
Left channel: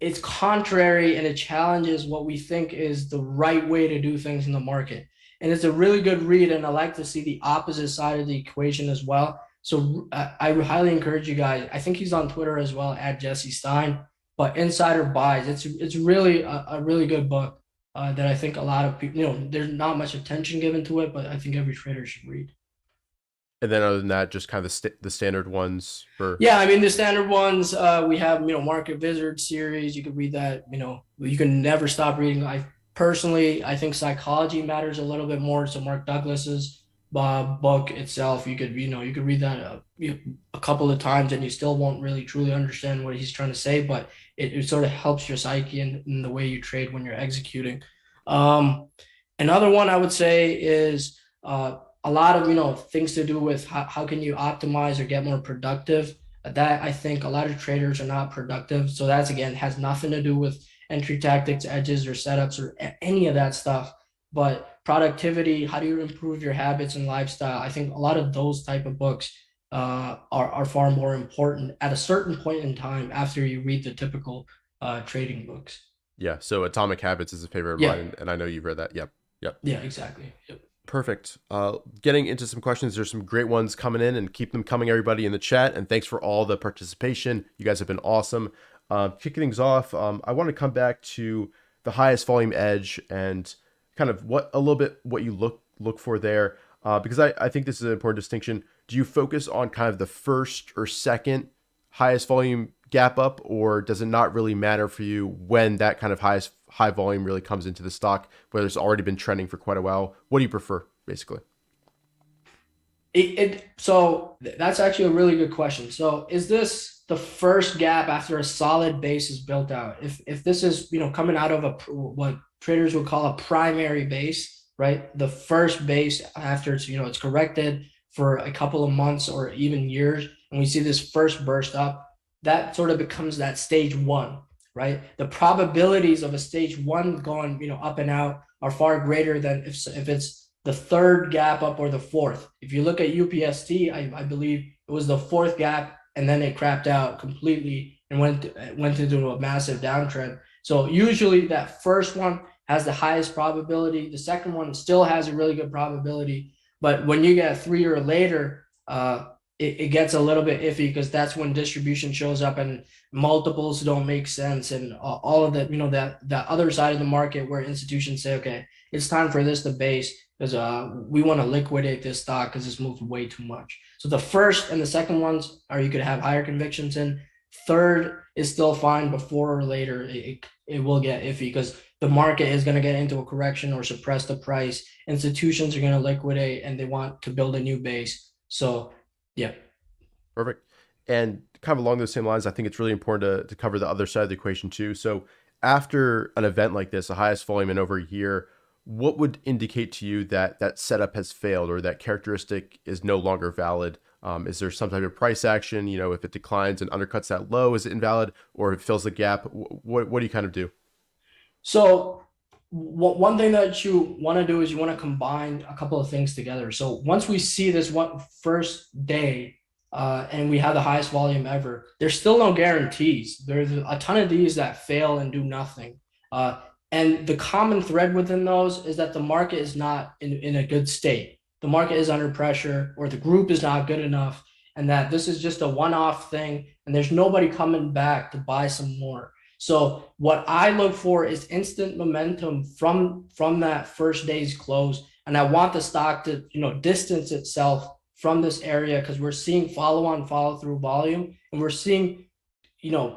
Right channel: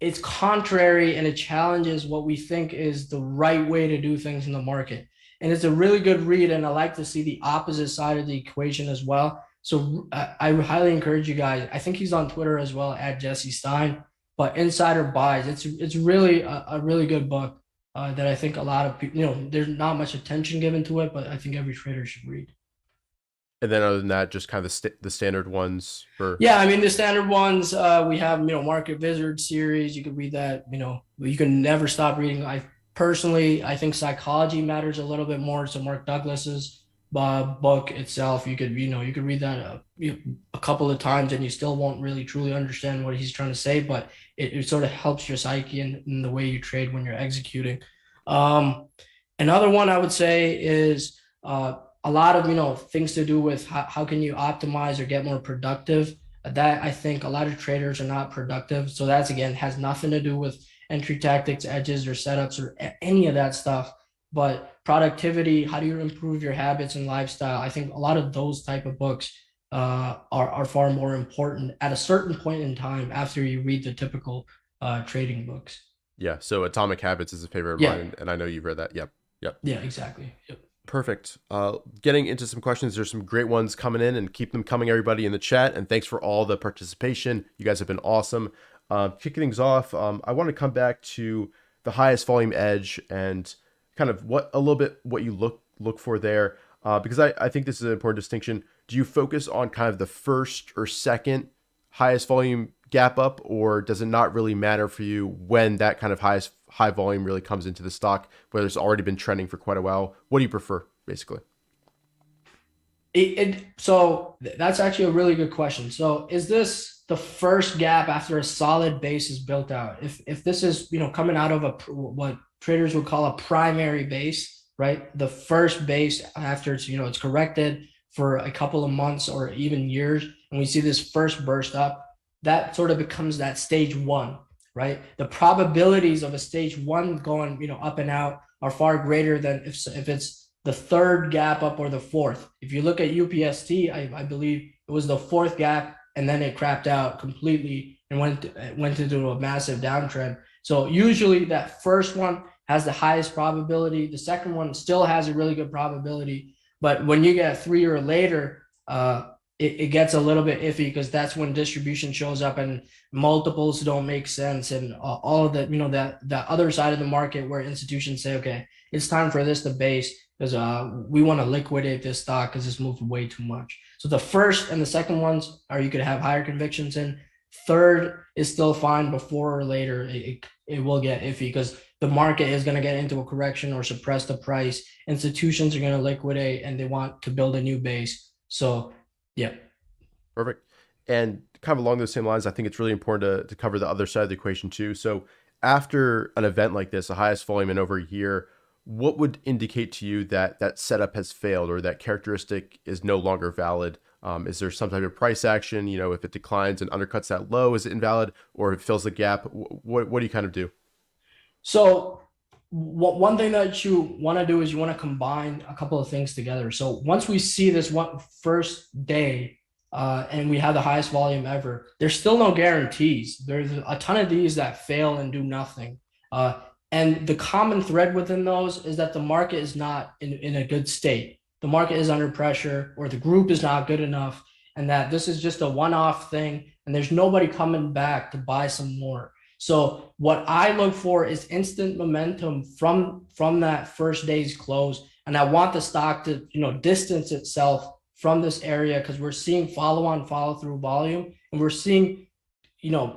it's contrary and it challenges what we think is the right way to do things in the market. And it's a really good read. And I like to see the opposite side of the equation as well. So I highly encourage you guys. I think he's on Twitter as well at Jesse Stein. But Insider Buys, it's really a really good book that I think a lot of people, there's not much attention given to it, but I think every trader should read. And then other than that, just kind of the standard ones for. Yeah, I mean the standard ones. We have Market Wizard series. You could read that. You can never stop reading. I think Psychology Matters a little bit more. So Mark Douglas's book itself, you could read that a couple of times and you still won't really truly understand what he's trying to say, but it sort of helps your psyche in the way you trade when you're executing. Um, Another one I would say is a lot of things to do with how can you optimize or get more productive. That I think a lot of traders are not productive. So that's again has nothing to do with entry tactics, edges, or setups, or any of that stuff. But productivity, how do you improve your habits and lifestyle? I think a lot of those type of books are far more important at a certain point in time after you read the typical trading books. Yeah. So Atomic Habits is a favorite of Yeah, mine, and I know you've read that. Yep. Yep. yeah, exactly. Yep. Perfect. Getting into some questions. There's some great ones coming in, and keep them coming, everybody in the chat. And thanks for all the participation. You guys have been awesome. Kicking things off, I want to come back to the highest volume edge and kind of what you look for there, because I think this is an important distinction. Do you focus on kind of the first or second highest volume gap up, or does it not really matter for you when that kind of high volume really comes into the stock, whether it's already been trending for quite a while? What do you prefer, basically? So that's actually a really good question. So is this the first gap after a solid base is built out? If this is coming out of what traders would call a primary base, right? The first base after it's corrected for a couple of months or even years, and we see this first burst up, that sort of becomes that stage one, right? The probabilities of a stage one going up and out are far greater than if it's the third gap up or the fourth. If you look at UPST, I believe it was the fourth gap and then it crapped out completely and went into a massive downtrend. So usually that first one has the highest probability. The second one still has a really good probability, but when you get three or later, it gets a little bit iffy because that's when distribution shows up and multiples don't make sense and all of that. That other side of the market where institutions say, okay, it's time for this to base because we want to liquidate this stock because it's moved way too much. So the first and the second ones are you could have higher convictions in. Third is still fine. Before or later, it will get iffy because the market is going to get into a correction or suppress the price. Institutions are going to liquidate and they want to build a new base. So, yeah. Perfect. And kind of along those same lines, I think it's really important to cover the other side of the equation too. So after an event like this, the highest volume in over a year, what would indicate to you that that setup has failed or that characteristic is no longer valid? Is there some type of price action? If it declines and undercuts that low, is it invalid? Or if it fills the gap, what do you kind of do? So one thing that you want to do is you want to combine a couple of things together. So once we see this one first day and we have the highest volume ever, there's still no guarantees. There's a ton of these that fail and do nothing. And the common thread within those is that the market is not in a good state. The market is under pressure or the group is not good enough and that this is just a one-off thing and there's nobody coming back to buy some more. So what I look for is instant momentum from that first day's close. And I want the stock to, distance itself from this area because we're seeing follow-on, follow-through volume and we're seeing,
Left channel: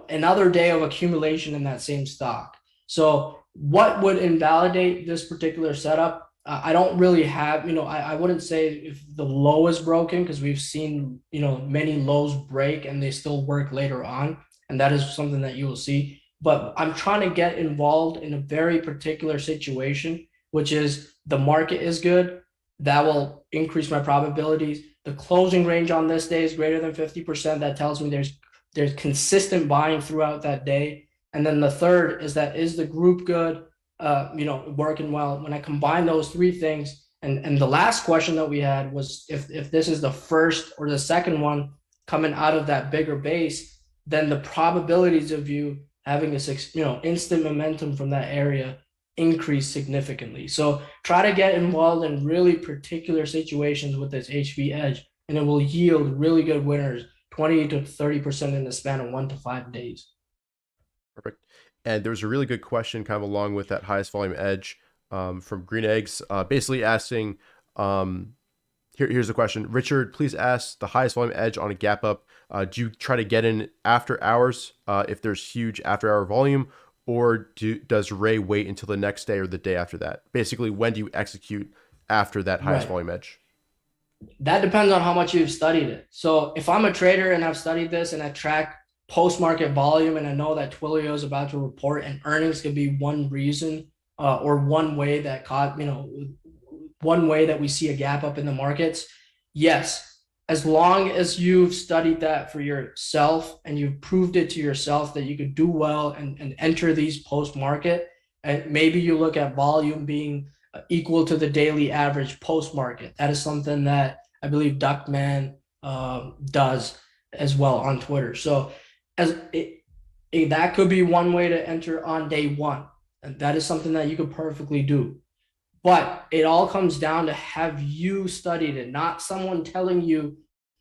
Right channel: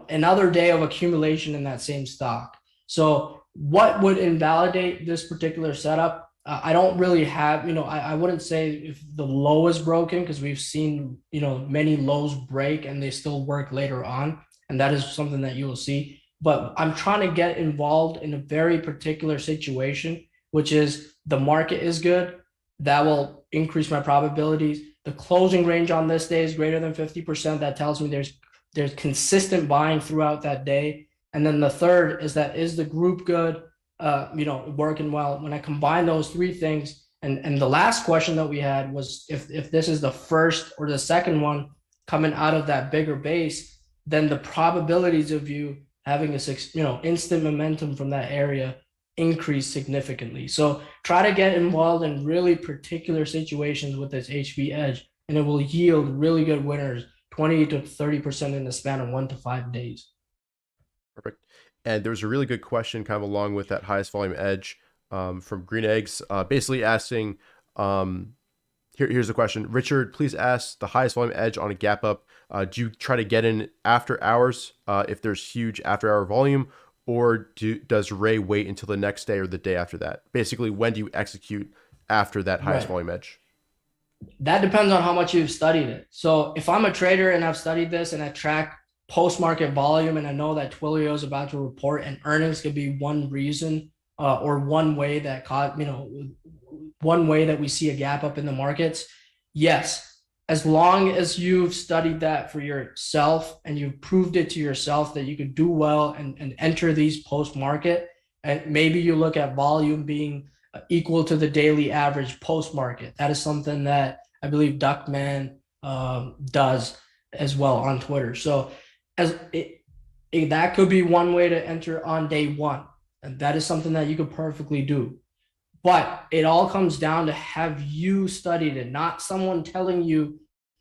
another day of accumulation in that same stock. So what would invalidate this particular setup? I don't really have, I wouldn't say if the low is broken because we've seen, many lows break and they still work later on. And that is something that you will see. But I'm trying to get involved in a very particular situation which is the market is good. That will increase my probabilities. The closing range on this day is greater than 50%. That tells me there's consistent buying throughout that day. And then the third is that is the group good, working well. When I combine those three things, and the last question that we had was if this is the first or the second one coming out of that bigger base, then the probabilities of you having a instant momentum from that area increase significantly. So try to get involved in really particular situations with this HV edge, and it will yield really good winners, 20 to 30% in the span of 1 to 5 days. Perfect. And there was a really good question kind of along with that highest volume edge from Green Eggs, basically asking, here's the question. Richard, please ask the highest volume edge on a gap up. Do you try to get in after hours if there's huge after hour volume, or does Ray wait until the next day or the day after that? Basically, when do you execute after that highest volume edge? That depends on how much you've studied it. So if I'm a trader and I've studied this and I track post-market volume and I know that Twilio is about to report and earnings could be one reason or one way that we see a gap up in the markets, yes, as long as you've studied that for yourself and you've proved it to yourself that you could do well and enter these post-market, and maybe you look at volume being equal to the daily average post-market. That is something that I believe Duckman does as well on Twitter. So that could be one way to enter on day one. And that is something that you could perfectly do. But it all comes down to have you studied it, not someone telling you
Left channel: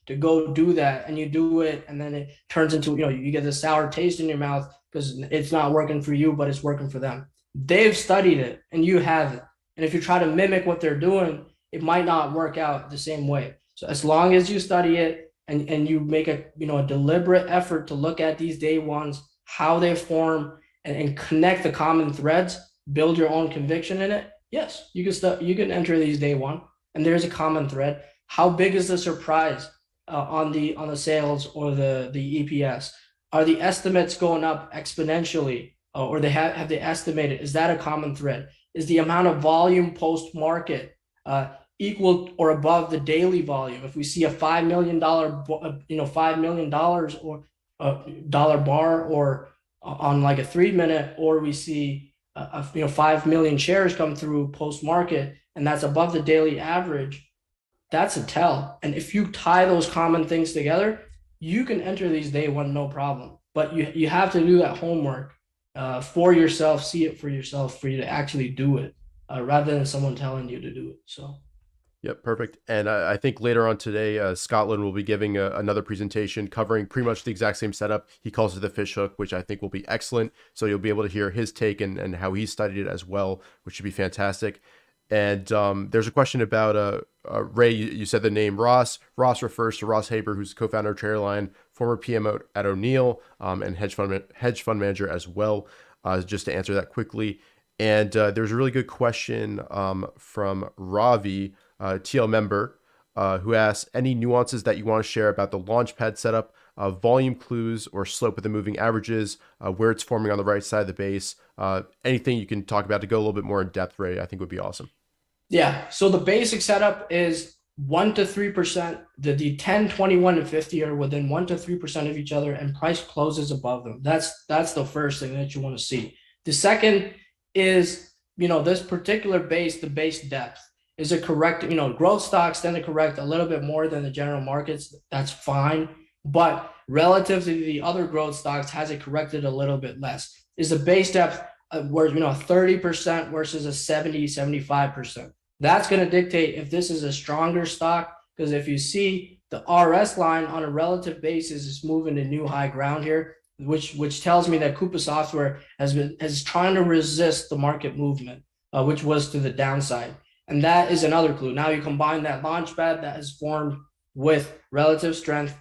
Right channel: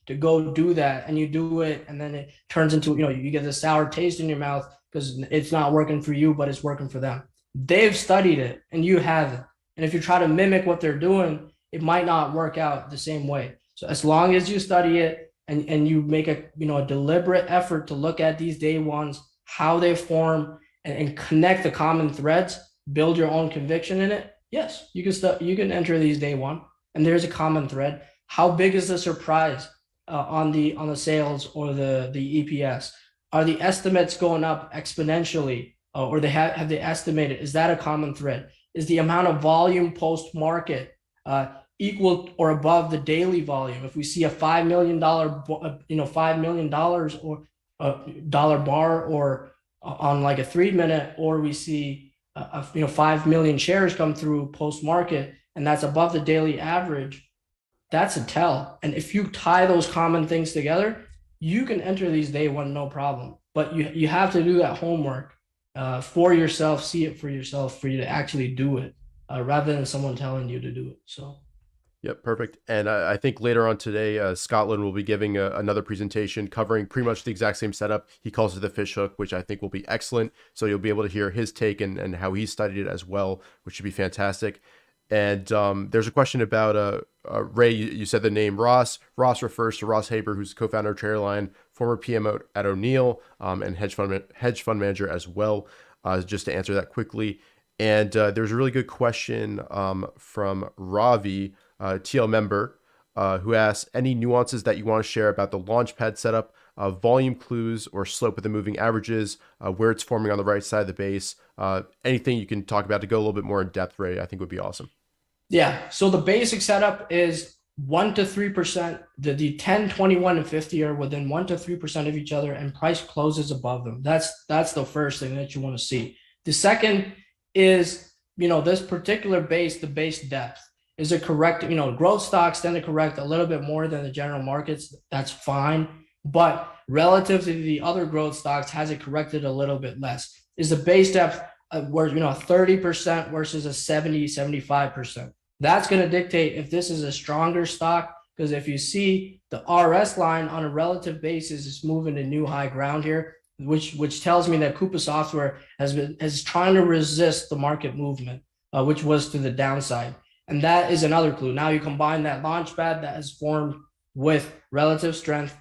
to go do that and you do it and then it turns into, you get this sour taste in your mouth because it's not working for you, but it's working for them. They've studied it and you haven't. And if you try to mimic what they're doing, it might not work out the same way. So as long as you study it and you make a deliberate effort to look at these day ones, how they form and connect the common threads, build your own conviction in it. Yes, you can enter these day one and there's a common thread. How big is the surprise on the sales or the EPS? Are the estimates going up exponentially or have they estimated? Is that a common thread? Is the amount of volume post-market equal or above the daily volume? If we see a $5 million, $5 million or dollar bar or on like a 3-minute, or we see 5 million shares come through post-market and that's above the daily average, that's a tell. And if you tie those common things together, you can enter these day one, no problem. But you have to do that homework for yourself, see it for yourself, for you to actually do it rather than someone telling you to do it. So. Yep, perfect. And I think later on today, Scotland will be giving another presentation covering pretty much the exact same setup. He calls it the fish hook, which I think will be excellent. So you'll be able to hear his take and how he studied it as well, which should be fantastic. And there's a question about Ray. You said the name Ross. Ross refers to Ross Haber, who's co-founder of TraderLion, former PM at O'Neill, and hedge fund manager as well. Just to answer that quickly. And there's a really good question from Ravi, TL member, who asks, any nuances that you want to share about the launchpad setup, volume clues or slope of the moving averages, where it's forming on the right side of the base, anything you can talk about to go a little bit more in depth, Ray, I think would be awesome. Yeah, so the basic setup is 1 to 3%. The 10, 21, and 50 are within 1 to 3% of each other, and price closes above them. That's the first thing that you want to see. The second is, this particular base, the base depth. Is it correct? Growth stocks tend to correct a little bit more than the general markets. That's fine. But relative to the other growth stocks, has it corrected a little bit less? Is the base depth where 30% versus a 70, 75%? That's going to dictate if this is a stronger stock, because if you see the RS line on a relative basis is moving to new high ground here, which tells me that Coupa Software is trying to resist the market movement, which was to the downside. And that is another clue. Now you combine that launchpad that has formed with relative strength,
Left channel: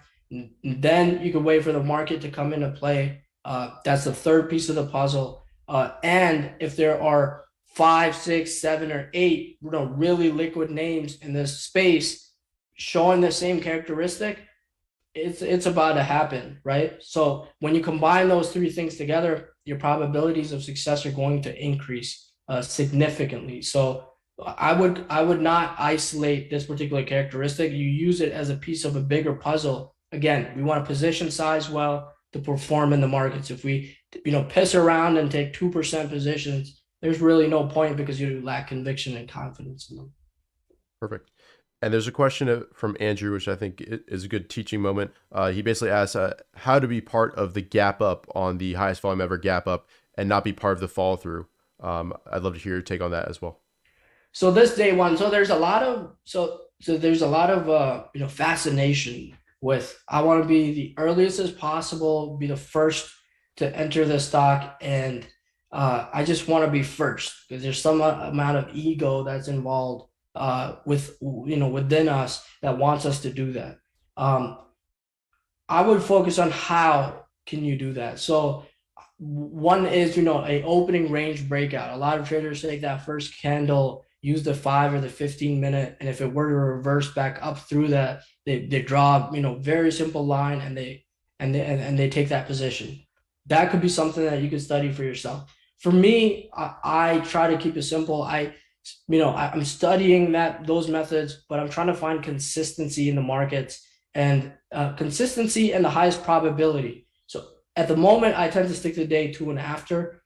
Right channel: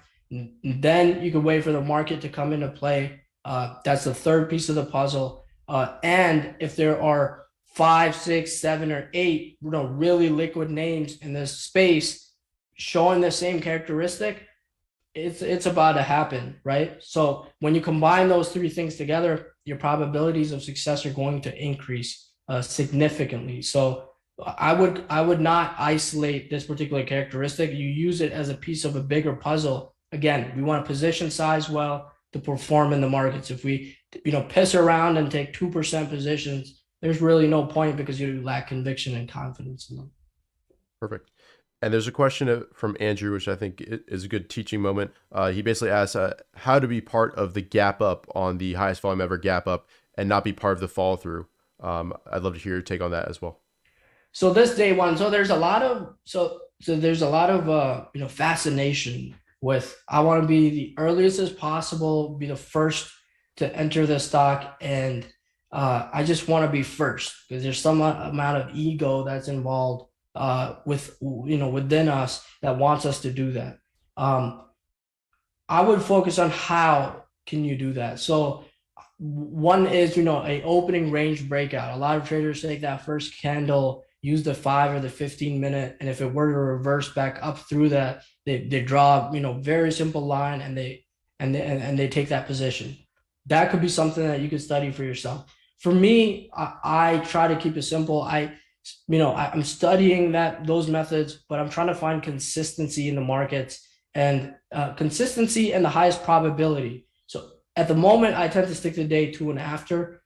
then you can wait for the market to come into play. That's the third piece of the puzzle. And if there are 5, 6, 7, or 8, really liquid names in this space showing the same characteristic, it's about to happen, right? So when you combine those three things together, your probabilities of success are going to increase. significantly. So I would not isolate this particular characteristic. You use it as a piece of a bigger puzzle. Again, we want to position size well to perform in the markets. If we piss around and take 2% positions, there's really no point because you lack conviction and confidence in them. Perfect. And there's a question from Andrew, which I think is a good teaching moment. He basically asks how to be part of the gap up on the highest volume ever gap up and not be part of the fall through. I'd love to hear your take on that as well. So this day one, so there's a lot of there's a lot of fascination with I want to be the earliest as possible, be the first to enter the stock, and I just want to be first because there's some amount of ego that's involved within us that wants us to do that. I would focus on how can you do that. So one is a opening range breakout. A lot of traders take that first candle, use the 5 or the 15 minute, and if it were to reverse back up through that, they draw very simple line, and they take that position. That could be something that you could study for yourself. For me, I try to keep it simple. I'm studying those methods, but I'm trying to find consistency in the markets, and consistency and the highest probability. So at the moment, I tend to stick to day 2 and after.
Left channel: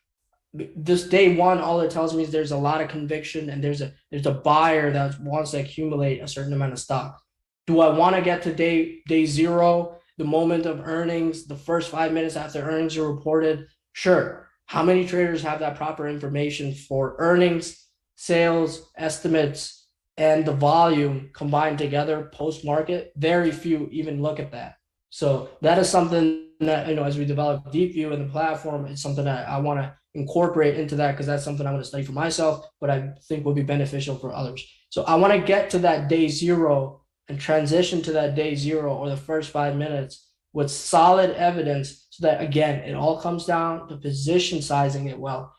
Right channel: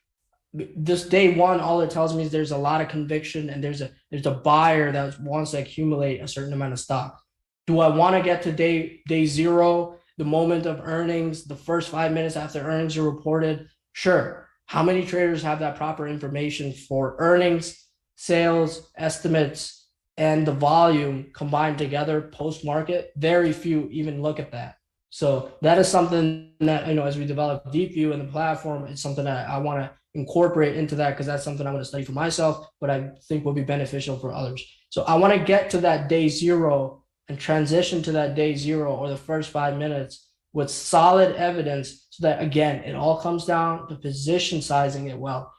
This day 1, all it tells me is there's a lot of conviction, and there's a buyer that wants to accumulate a certain amount of stock. Do I want to get to day 0, the moment of earnings, the first 5 minutes after earnings are reported? Sure. How many traders have that proper information for earnings, sales, estimates, and the volume combined together post-market? Very few even look at that. So that is something that, as we develop Deep View in the platform, it's something that I want to incorporate into that, because that's something I'm going to study for myself, but I think will be beneficial for others. So I want to get to that day 0 and transition to that day 0 or the first 5 minutes with solid evidence, so that, again, it all comes down to position sizing it well.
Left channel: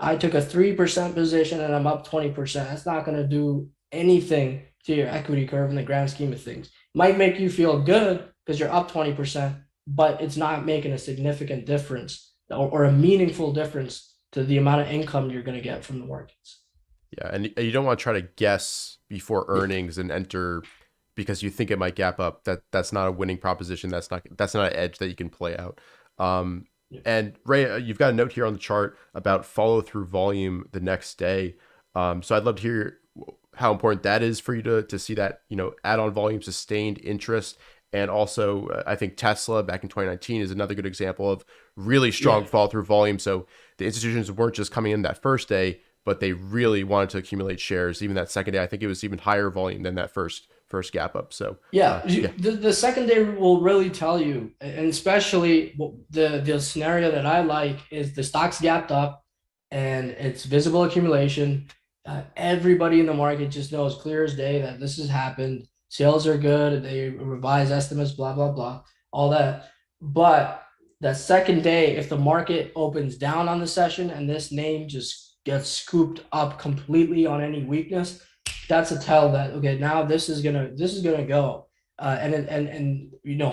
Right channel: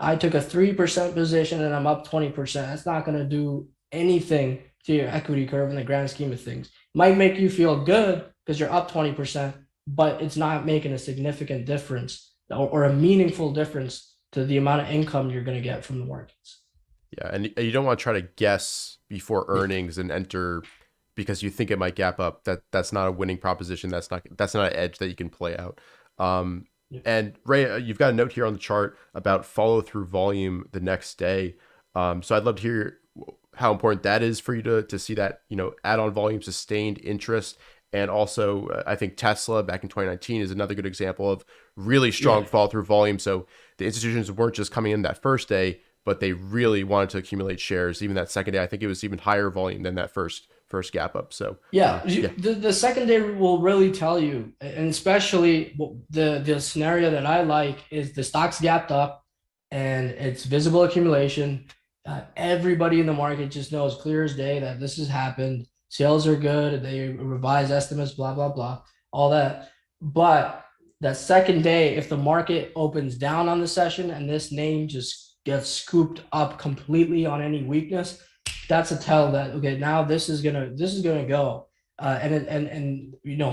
I took a 3% position and I'm up 20%, that's not going to do anything to your equity curve in the grand scheme of things. It might make you feel good because you're up 20%, but it's not making a significant difference or a meaningful difference to the amount of income you're going to get from the markets. Yeah, and you don't want to try to guess before earnings and enter because you think it might gap up. That's not a winning proposition. That's not an edge that you can play out. And Ray, you've got a note here on the chart about follow through volume the next day. So I'd love to hear how important that is for you to see that add on volume, sustained interest. And also, I think Tesla back in 2019 is another good example of really strong fall through volume. So the institutions weren't just coming in that first day, but they really wanted to accumulate shares. Even that second day, I think it was even higher volume than that first gap up. So the second day will really tell you, and especially the scenario that I like is the stock's gapped up and it's visible accumulation. Everybody in the market just knows clear as day that this has happened. Sales are good. They revise estimates, blah, blah, blah, all that. But that second day, if the market opens down on the session and this name just gets scooped up completely on any weakness, that's a tell that, okay, now this is gonna go. And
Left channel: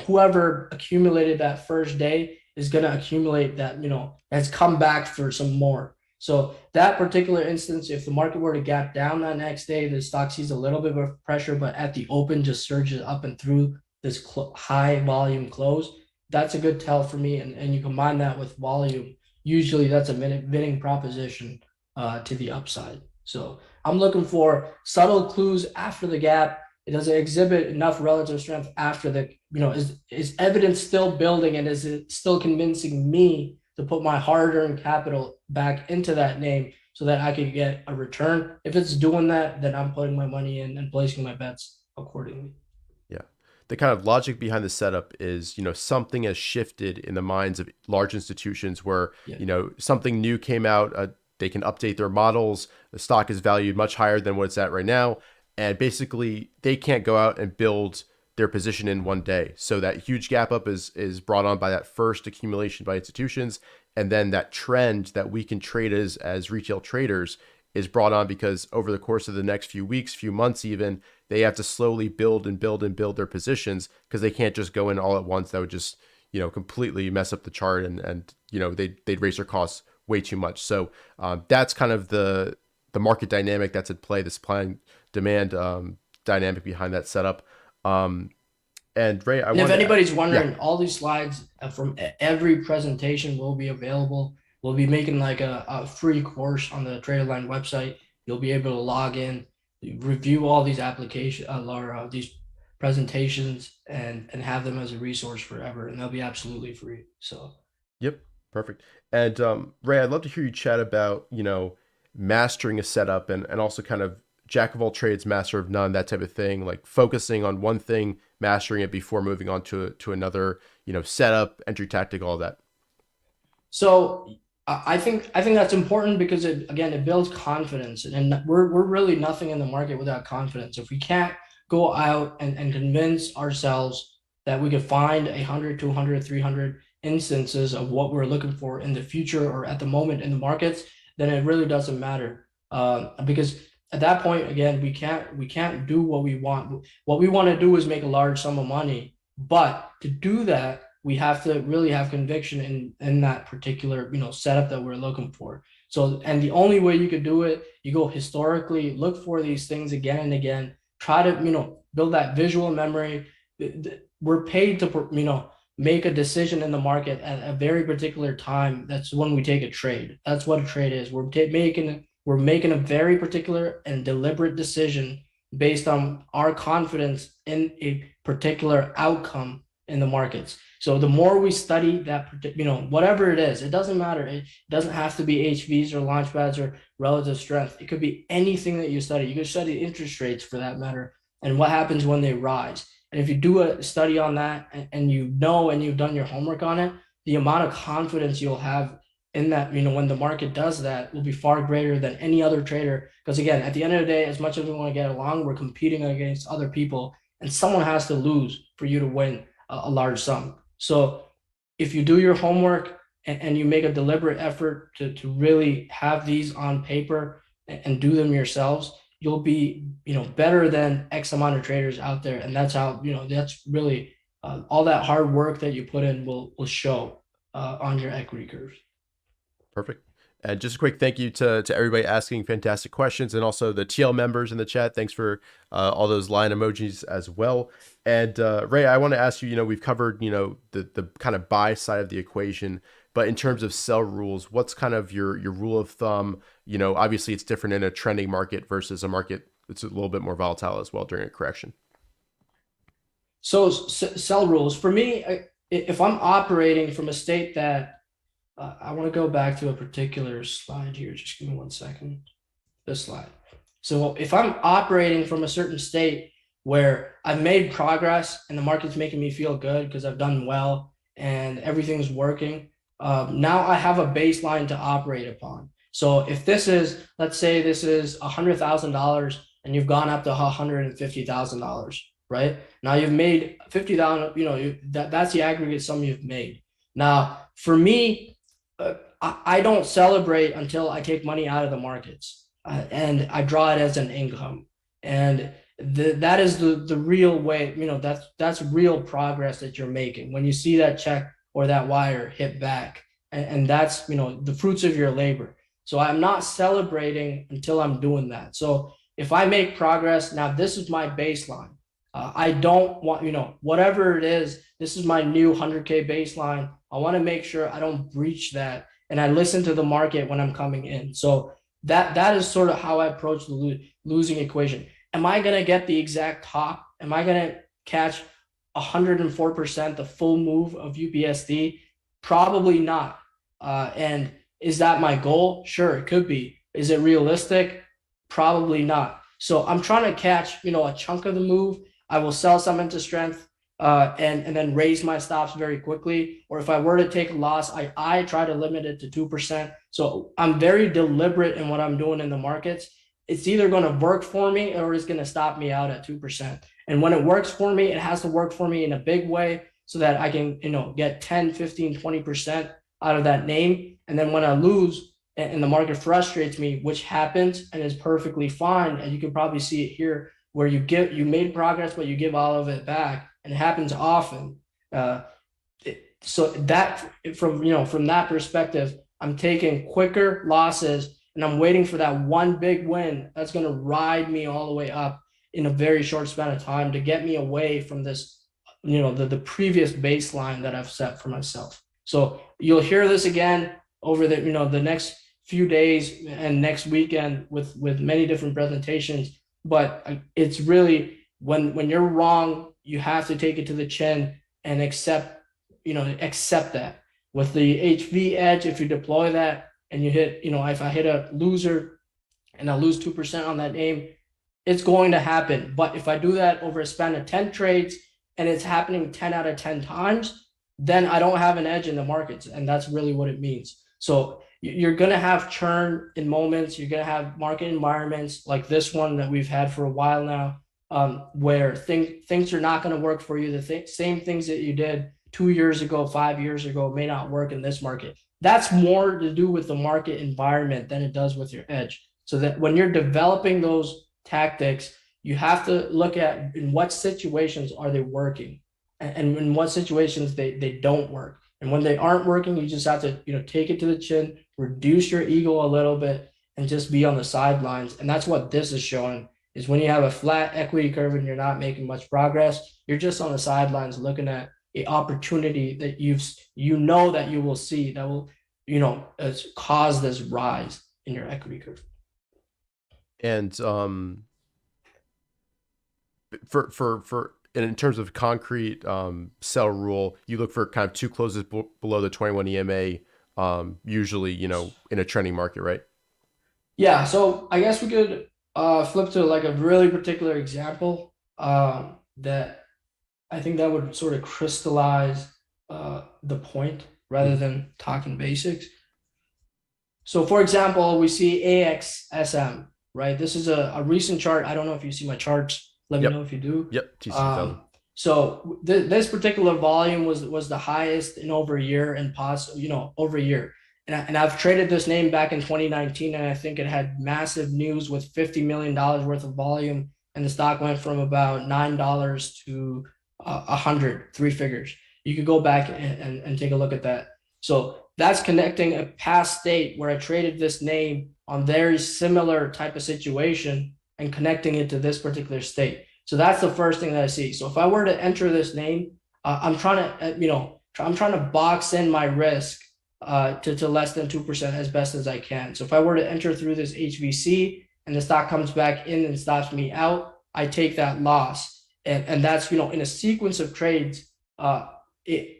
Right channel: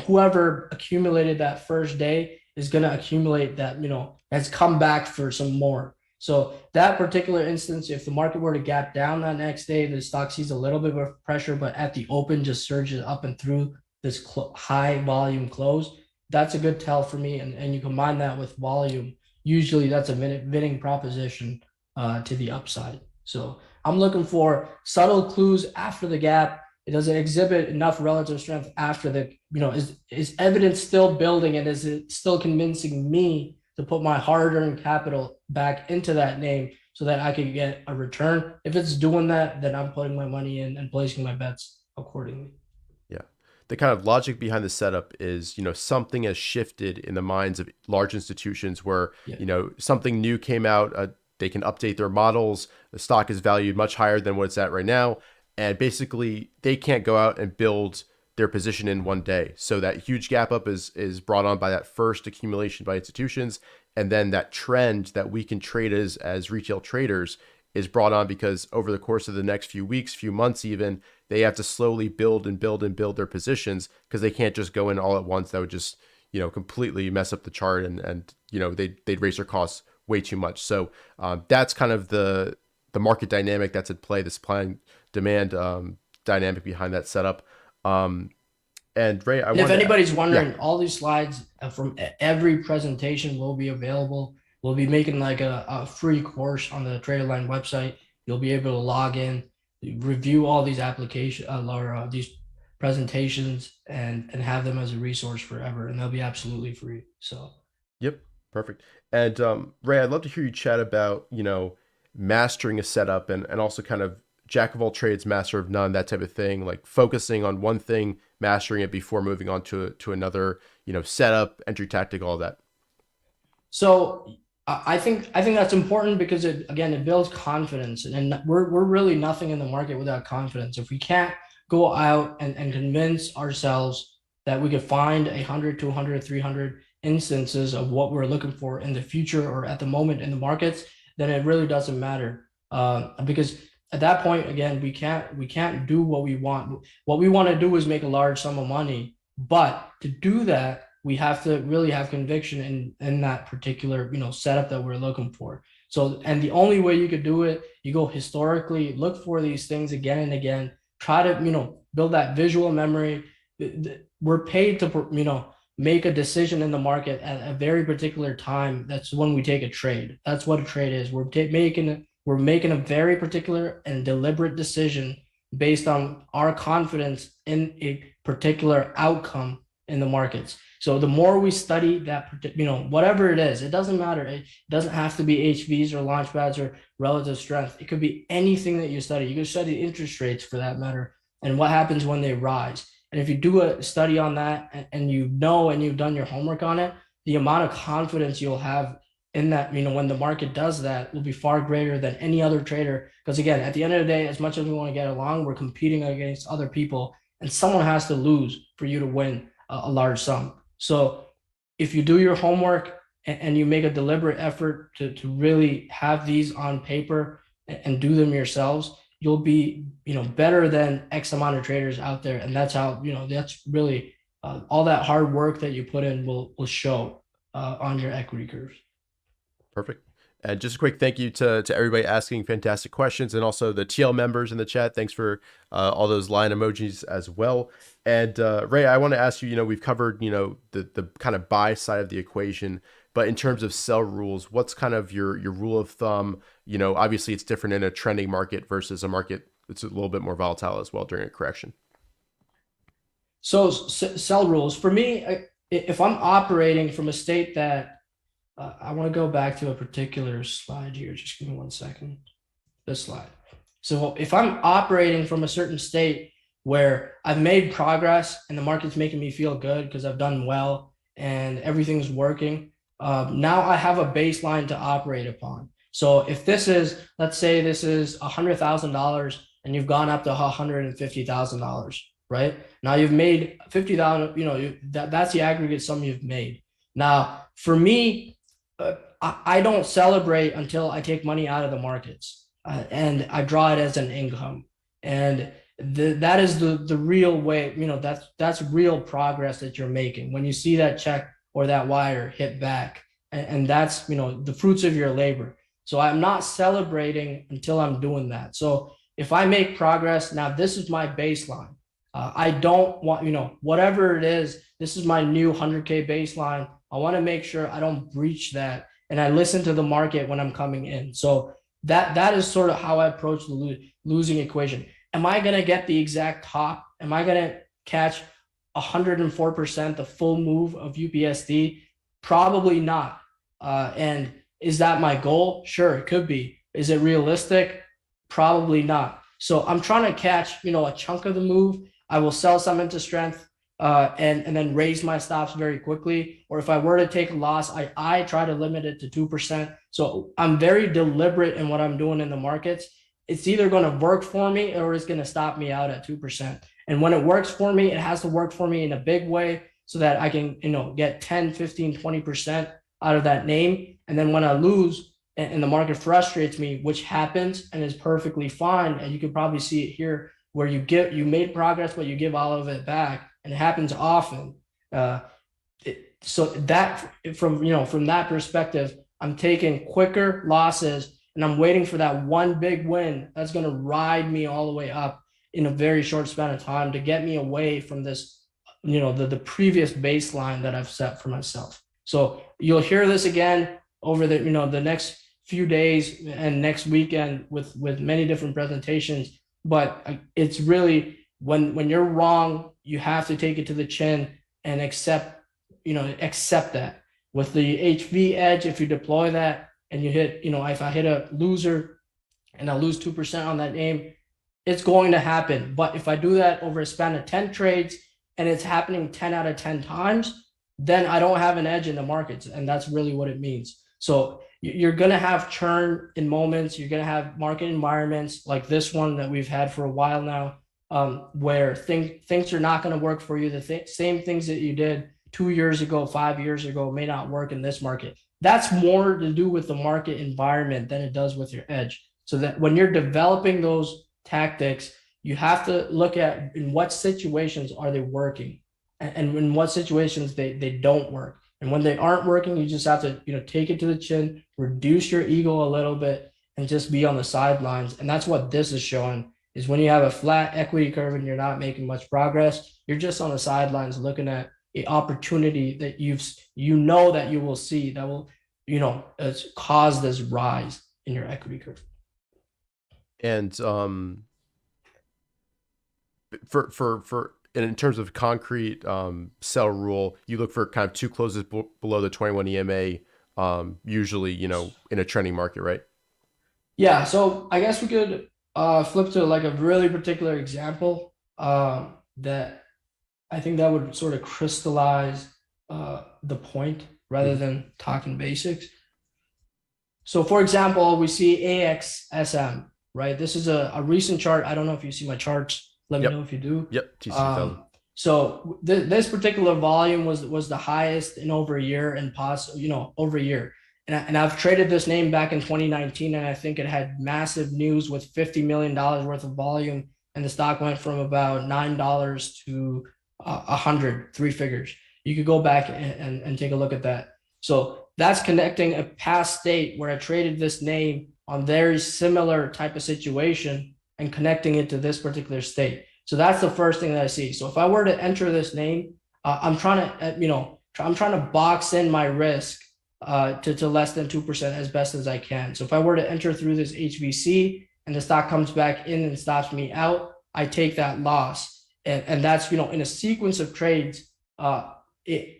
whoever accumulated that first day is gonna accumulate that, has come back for some more. So that particular instance, if the market were to gap down that next day, the stock sees a little bit of pressure, but at the open just surges up and through this high volume close. That's a good tell for me. And you combine that with volume, usually that's a winning proposition to the upside. So I'm looking for subtle clues after the gap. It doesn't exhibit enough relative strength after the, is evidence still building, and is it still convincing me to put my hard-earned capital back into that name so that I can get a return? If it's doing that, then I'm putting my money in and placing my bets accordingly. Yeah. The kind of logic behind the setup is, something has shifted in the minds of large institutions where, something new came out, they can update their models. The stock is valued much higher than what it's at right now. And basically they can't go out and build their position in one day. So that huge gap up is brought on by that first accumulation by institutions. And then that trend that we can trade as retail traders is brought on because over the course of the next few weeks, few months even, they have to slowly build their positions because they can't just go in all at once. That would just, completely mess up the chart and they'd raise their costs way too much. So that's kind of the market dynamic that's at play, the supply and demand dynamic behind that setup. And Ray, I And if wanted to, anybody's yeah, wondering, all these slides from every presentation will be available. We'll be making like a free course on the TraderLion website. You'll be able to log in, review all these applications or these presentations, and have them as a resource forever. And they'll be absolutely free. So yep, perfect. And Ray, I'd love to hear you chat about, mastering a setup and also kind of jack of all trades, master of none, that type of thing, like focusing on one thing, mastering it before moving on to another, setup, entry tactic, all that. So I think that's important because it builds confidence, and we're really nothing in the market without confidence. If we can't go out and convince ourselves that we could find 100, 200, 300 instances of what we're looking for in the future or at the moment in the markets, then it really doesn't matter. Because at that point, again, we can't do what we want. What we want to do is make a large sum of money, but to do that, we have to really have conviction in that particular setup that we're looking for. So, and the only way you could do it, you go historically, look for these things again and again, try to build that visual memory. We're paid to make a decision in the market at a very particular time. That's when we take a trade. That's what a trade is. We're making a very particular and deliberate decision based on our confidence in a particular outcome in the markets. So the more we study that, whatever it is, it doesn't matter. It doesn't have to be HVs or launchpads or relative strength. It could be anything that you study. You can study interest rates for that matter and what happens when they rise. And if you do a study on that and you've done your homework on it, the amount of confidence you'll have in that, when the market does that will be far greater than any other trader. Because again, at the end of the day, as much as we want to get along, we're competing against other people and someone has to lose for you to win a large sum. So if you do your homework and you make a deliberate effort to really have these on paper and do them yourselves, you'll be better than X amount of traders out there. And that's how that's really all that hard work that you put in will show on your equity curves. Perfect. And just a quick thank you to everybody asking fantastic questions, and also the TL members in the chat. Thanks for all those line emojis as well. And Ray, I want to ask you, we've covered, the kind of buy side of the equation, but in terms of sell rules, what's kind of your rule of thumb? Obviously it's different in a trending market versus a market that's a little bit more volatile as well during a correction. So sell rules for me, if I'm operating from a state that I want to go back to a particular slide here. Just give me 1 second. This slide. So if I'm operating from a certain state where I've made progress and the market's making me feel good because I've done well and everything's working, now I have a baseline to operate upon. So if this is, let's say this is $100,000 and you've gone up to $150,000, right? Now you've made 50,000, that's the aggregate sum you've made. Now, for me, I don't celebrate until I take money out of the markets and I draw it as an income. And that is the real way, that's real progress that you're making when you see that check or that wire hit back. And that's, the fruits of your labor. So I'm not celebrating until I'm doing that. So if I make progress, now this is my baseline. I don't want, whatever it is, this is my new 100K baseline. I want to make sure I don't breach that. And I listen to the market when I'm coming in. So that is sort of how I approach the losing equation. Am I going to get the exact top? Am I going to catch 104% the full move of UPSD? Probably not. And is that my goal? Sure, it could be. Is it realistic? Probably not. So I'm trying to catch, a chunk of the move. I will sell some into strength and then raise my stops very quickly. Or if I were to take a loss, I try to limit it to 2%. So I'm very deliberate in what I'm doing in the markets. It's either going to work for me or it's going to stop me out at 2%. And when it works for me, it has to work for me in a big way so that I can, get 10, 15, 20% out of that name. And then when I lose and the market frustrates me, which happens and is perfectly fine, and you can probably see it here where you made progress, but you give all of it back, and it happens often. So that from that perspective, I'm taking quicker losses, and I'm waiting for that one big win that's going to ride me all the way up in a very short span of time to get me away from this, the previous baseline that I've set for myself. So you'll hear this again over the next few days and next weekend with many different presentations. But it's really when you're wrong, you have to take it to the chin and accept that. With the HV edge, if you deploy that and you hit, if I hit a loser and I lose 2% on that name, it's going to happen. But if I do that over a span of 10 trades and it's happening 10 out of 10 times, then I don't have an edge in the markets. And that's really what it means. So you're going to have churn in moments. You're going to have market environments like this one that we've had for a while now, where things are not going to work for you. The same things that you did 2 years ago, 5 years ago may not work in this market. That's more to do with the market environment than it does with your edge. So that when you're developing those tactics, you have to look at in what situations are they working and in what situations they don't work. And when they aren't working, you just have to, take it to the chin, reduce your ego a little bit, and just be on the sidelines. And that's what this is showing, is when you have a flat equity curve and you're not making much progress, you're just on the sidelines looking at an opportunity that that you will see that will, cause this rise in your equity curve. And and in terms of concrete sell rule, you look for kind of 2 closes below the 21 EMA, usually, in a trending market, right? Yeah. So I guess we could flip to like a really particular example that I think that would sort of crystallize the point rather than talking basics. So for example, we see AXSM, right? This is a recent chart. I don't know if you see my charts. Let me know if you do. Yep. TC2000. So this particular volume was the highest in over a year and over a year. And I've traded this name back in 2019, and I think it had massive news with $50 million worth of volume, and the stock went from about $9 to 100, 3 figures. You could go back and take a look at that. So that's connecting a past state where I traded this name on very similar type of situation and connecting it to this particular state. So that's the first thing that I see. So if I were to enter this name, I'm trying to box in my risk to less than 2% as best as I can. So if I were to enter through this HVC and the stock comes back in and stops me out, I take that loss. And that's, in a sequence of trades, in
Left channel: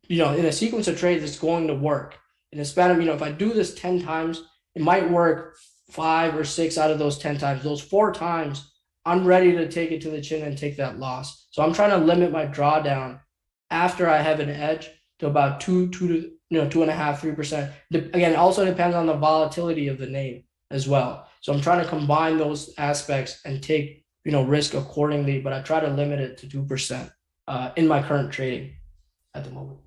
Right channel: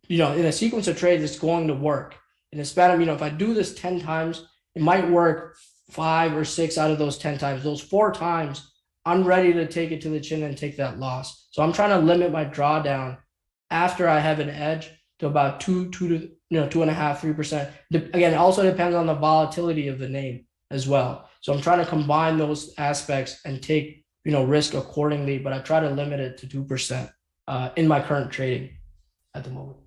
a sequence of trades, it's going to work. In a span of, if I do this 10 times, it might work 5 or 6 out of those 10 times. Those 4 times, I'm ready to take it to the chin and take that loss. So I'm trying to limit my drawdown after I have an edge to about 2.5, 3%. Again, it also depends on the volatility of the name as well. So I'm trying to combine those aspects and take, risk accordingly, but I try to limit it to 2% in my current trading at the moment.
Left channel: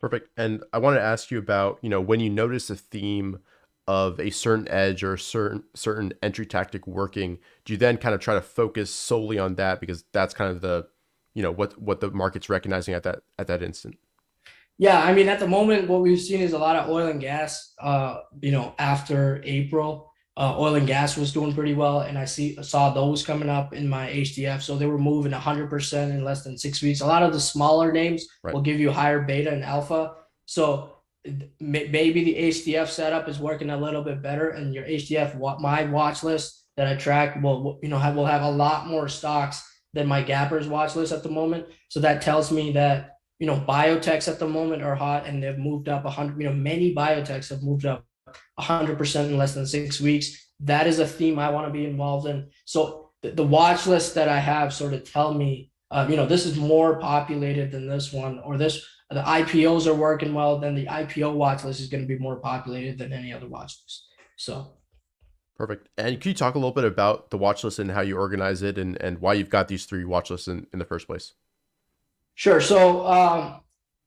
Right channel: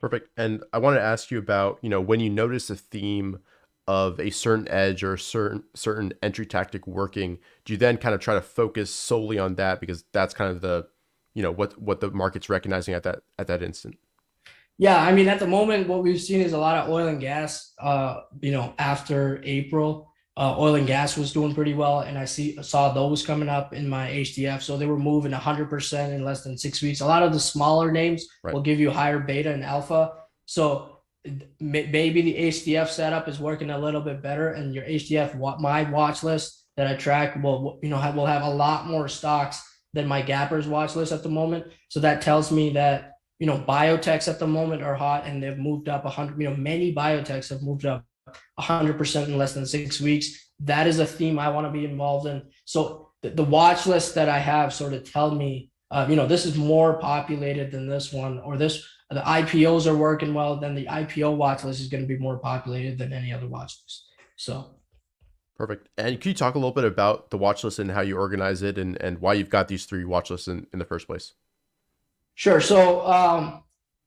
Perfect. And I want to ask you about, when you notice a theme of a certain edge or a certain entry tactic working, do you then kind of try to focus solely on that because that's kind of the, what the market's recognizing at that instant? Yeah, I mean, at the moment, what we've seen is a lot of oil and gas. After April, oil and gas was doing pretty well, and I saw those coming up in my HDF. So they were moving 100% in less than 6 weeks. A lot of the smaller names will give you higher beta and alpha. So maybe the HDF setup is working a little bit better, and your HDF, my watch list that I track will have a lot more stocks than my Gappers watch list at the moment. So that tells me that biotechs at the moment are hot, and they've moved up 100. Many biotechs have moved up 100% in less than 6 weeks. That is a theme I want to be involved in. So the watch list that I have sort of tell me, this is more populated than this one, or the IPOs are working well, then the IPO watch list is going to be more populated than any other watch list. So. Perfect. And can you talk a little bit about the watch list and how you organize it and why you've got these 3 watch lists in the first place? Sure. So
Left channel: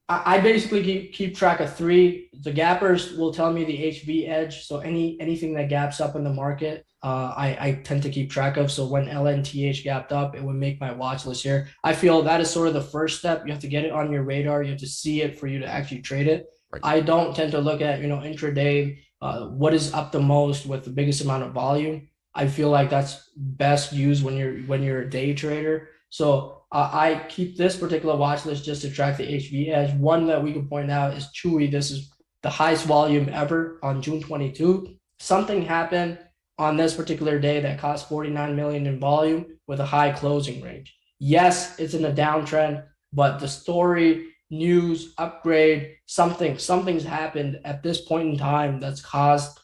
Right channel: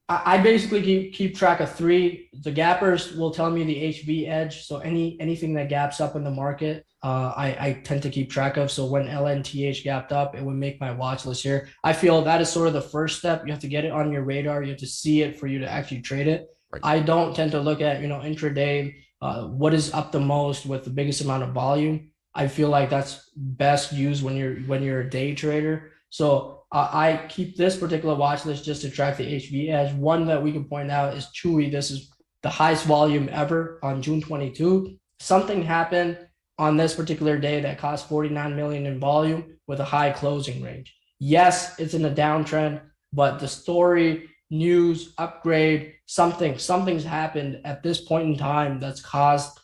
I basically keep track of 3. The gappers will tell me the HV edge. So anything that gaps up in the market, I tend to keep track of. So when LNTH gapped up, it would make my watch list here. I feel that is sort of the first step. You have to get it on your radar. You have to see it for you to actually trade it. Right. I don't tend to look at, intraday, what is up the most with the biggest amount of volume. I feel like that's best used when you're a day trader. So I keep this particular watch list just to track the HV edge. One that we can point out is Chewy. This is the highest volume ever on June 22. Something happened on this particular day that caused 49 million in volume with a high closing range. Yes, it's in a downtrend, but the story, news, upgrade, something's happened at this point in time that's caused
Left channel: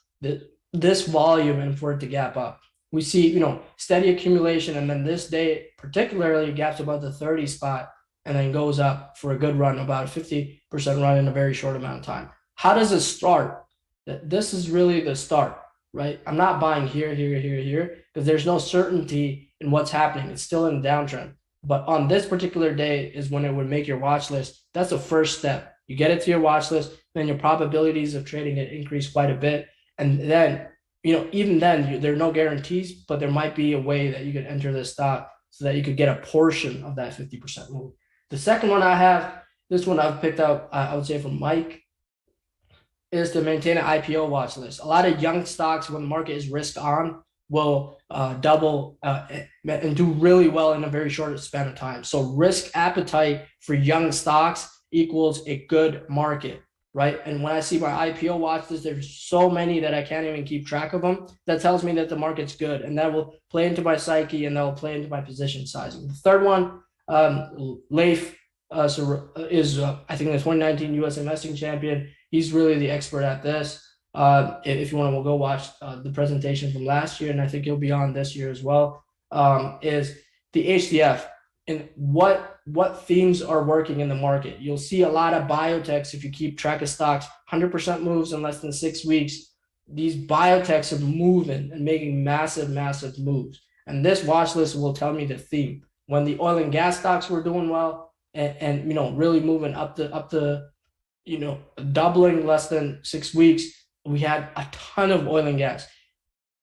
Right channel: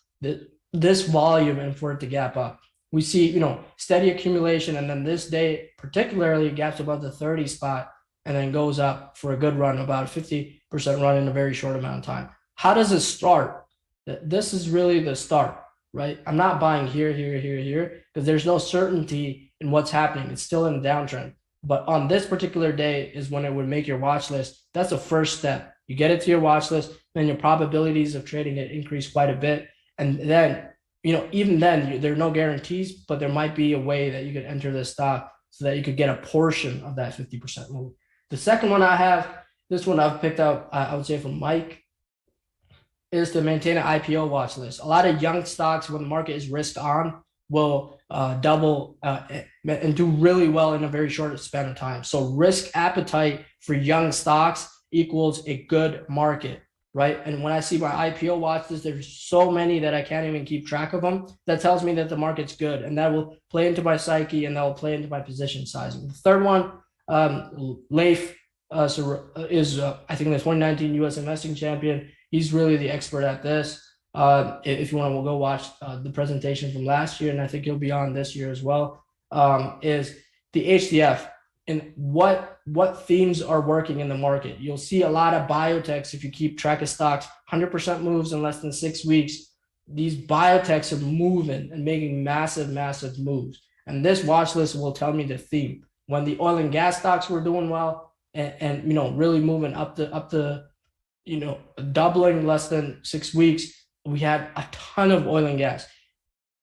this volume and for it to gap up. We see, steady accumulation, and then this day particularly gaps above the 30 spot and then goes up for a good run, about 50% run in a very short amount of time. How does it start? This is really the start, right? I'm not buying here, because there's no certainty in what's happening. It's still in a downtrend. But on this particular day is when it would make your watch list. That's the first step. You get it to your watch list, then your probabilities of trading it increase quite a bit. And then, even then, there are no guarantees, but there might be a way that you could enter the stock so that you could get a portion of that 50% move. The second one I have, this one I've picked up, I would say from Mike, is to maintain an IPO watch list. A lot of young stocks, when the market is risk on, will double and do really well in a very short span of time. So risk appetite for young stocks equals a good market, right? And when I see my IPO watch list, there's so many that I can't even keep track of them. That tells me that the market's good, and that will play into my psyche, and that will play into my position sizing. The third one, Leif is I think the 2019 U.S. investing champion. He's really the expert at this. If you want to, we'll go watch the presentation from last year, and I think he'll be on this year as well. Is the HDF and what themes are working in the market. You'll see a lot of biotechs if you keep track of stocks. 100% moves in less than 6 weeks. These biotechs are moving and making massive moves. And this watch list will tell me the theme. When the oil and gas stocks were doing well and really moving up the doubling less than 6 weeks, we had a ton of oil and gas.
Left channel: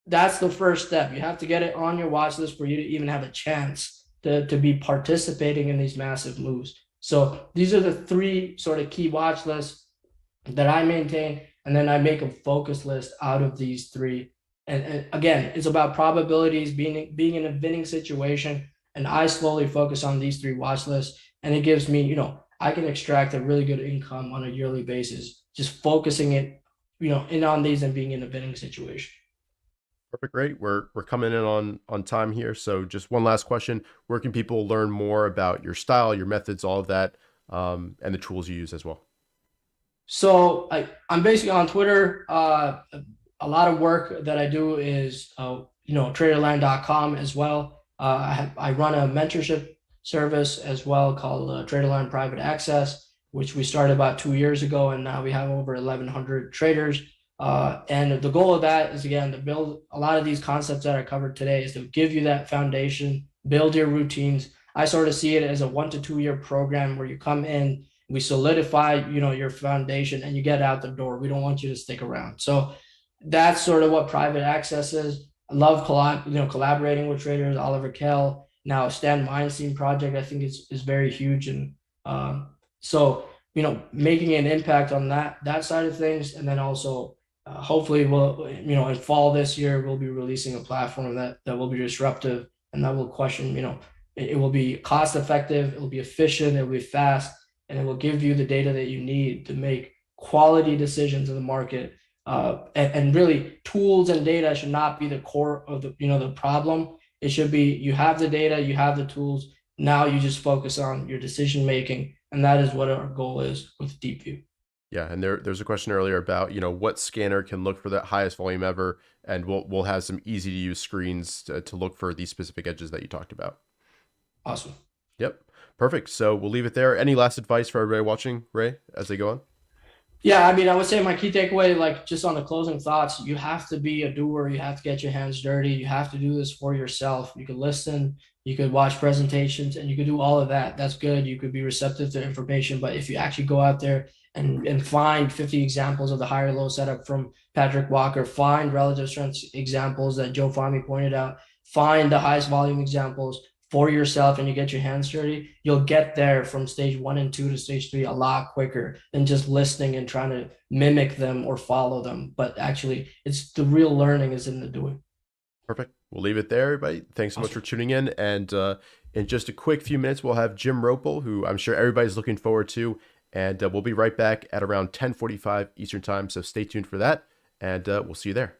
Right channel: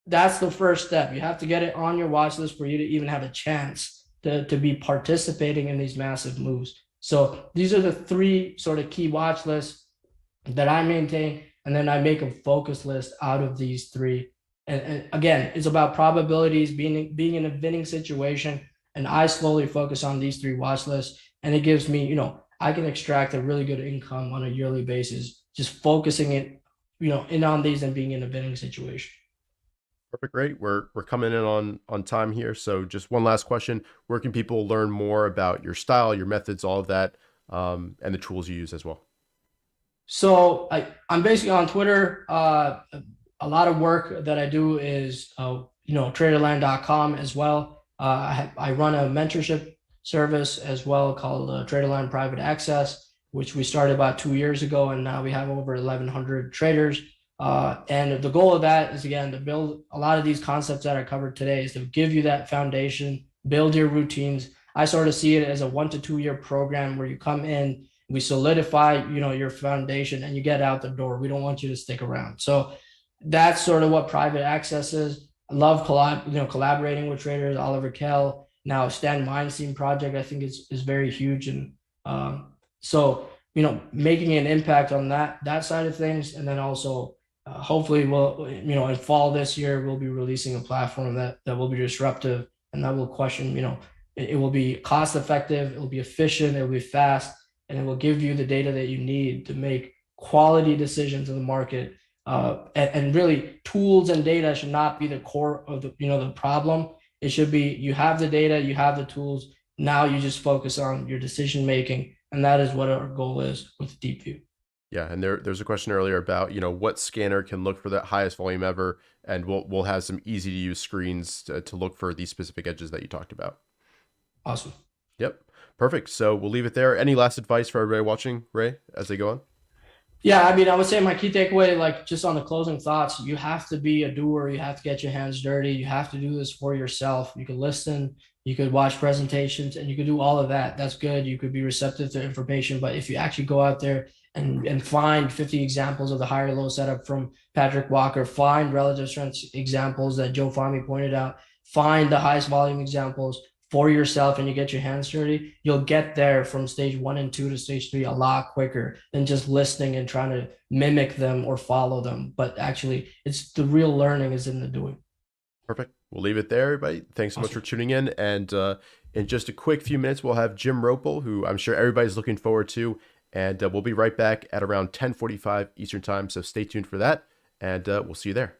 That's the first step. You have to get it on your watch list for you to even have a chance to be participating in these massive moves. So these are the three sort of key watch lists that I maintain, and then I make a focus list out of these three. And again, it's about probabilities, being in a winning situation, and I slowly focus on these three watch lists, and it gives me, I can extract a really good income on a yearly basis, just focusing it, in on these and being in a winning situation. Perfect. Great. We're coming in on time here. So just one last question. Where can people learn more about your style, your methods, all of that, and the tools you use as well? So I'm basically on Twitter. A lot of work that I do is, TraderLion.com as well. I run a mentorship service as well called TraderLion Private Access, which we started about 2 years ago, and now we have over 1,100 traders. And the goal of that is, again, to build a lot of these concepts that I covered today, is to give you that foundation, build your routines. I sort of see it as a 1 to 2 year program where you come in, we solidify, your foundation, and you get out the door. We don't want you to stick around. So that's sort of what private access is. I love collaborating with traders. Oliver Kell, now Stan Weinstein project, I think is very huge. And so, making an impact on that side of things. And then also, hopefully we'll, in fall this year, we'll be releasing a platform that will be disruptive, and that will question, it will be cost effective, it will be efficient, it will be fast, and it will give you the data that you need to make quality decisions in the market. And really, tools and data should not be the core of the problem. It should be, you have the data, you have the tools. Now you just focus on your decision making, and that is what our goal is with DeepView. Yeah, and there's a question earlier about what scanner can look for the highest volume ever, and we'll have some easy to use screens to look for these specific edges that you talked about. Awesome. Yep, perfect. So we'll leave it there. Any last advice for everybody watching, Ray, as they go on? Yeah, I would say my key takeaway, like just on the closing thoughts, you have to be a doer. You have to get your hands dirty. You have to do this for yourself. You can listen, you could watch presentations, and you could do all of that. That's good. You could be receptive to information. But if you actually go out there and find 50 examples of the higher low setup from Patrick Walker, find relative strength examples that Joe Fahmy pointed out, find the highest volume examples, for yourself and you get your hands dirty, you'll get there from stage 1 and 2 to stage 3 a lot quicker than just listening and trying to mimic them or follow them. But actually, it's the real learning is in the doing. Perfect. We'll leave it there, everybody. Thanks so much for Awesome. tuning in. And in just a quick few minutes, we'll have Jim Roppel, who I'm sure everybody's looking forward to. And we'll be right back at around 10:45 Eastern Time. So stay tuned for that. And we'll see you there.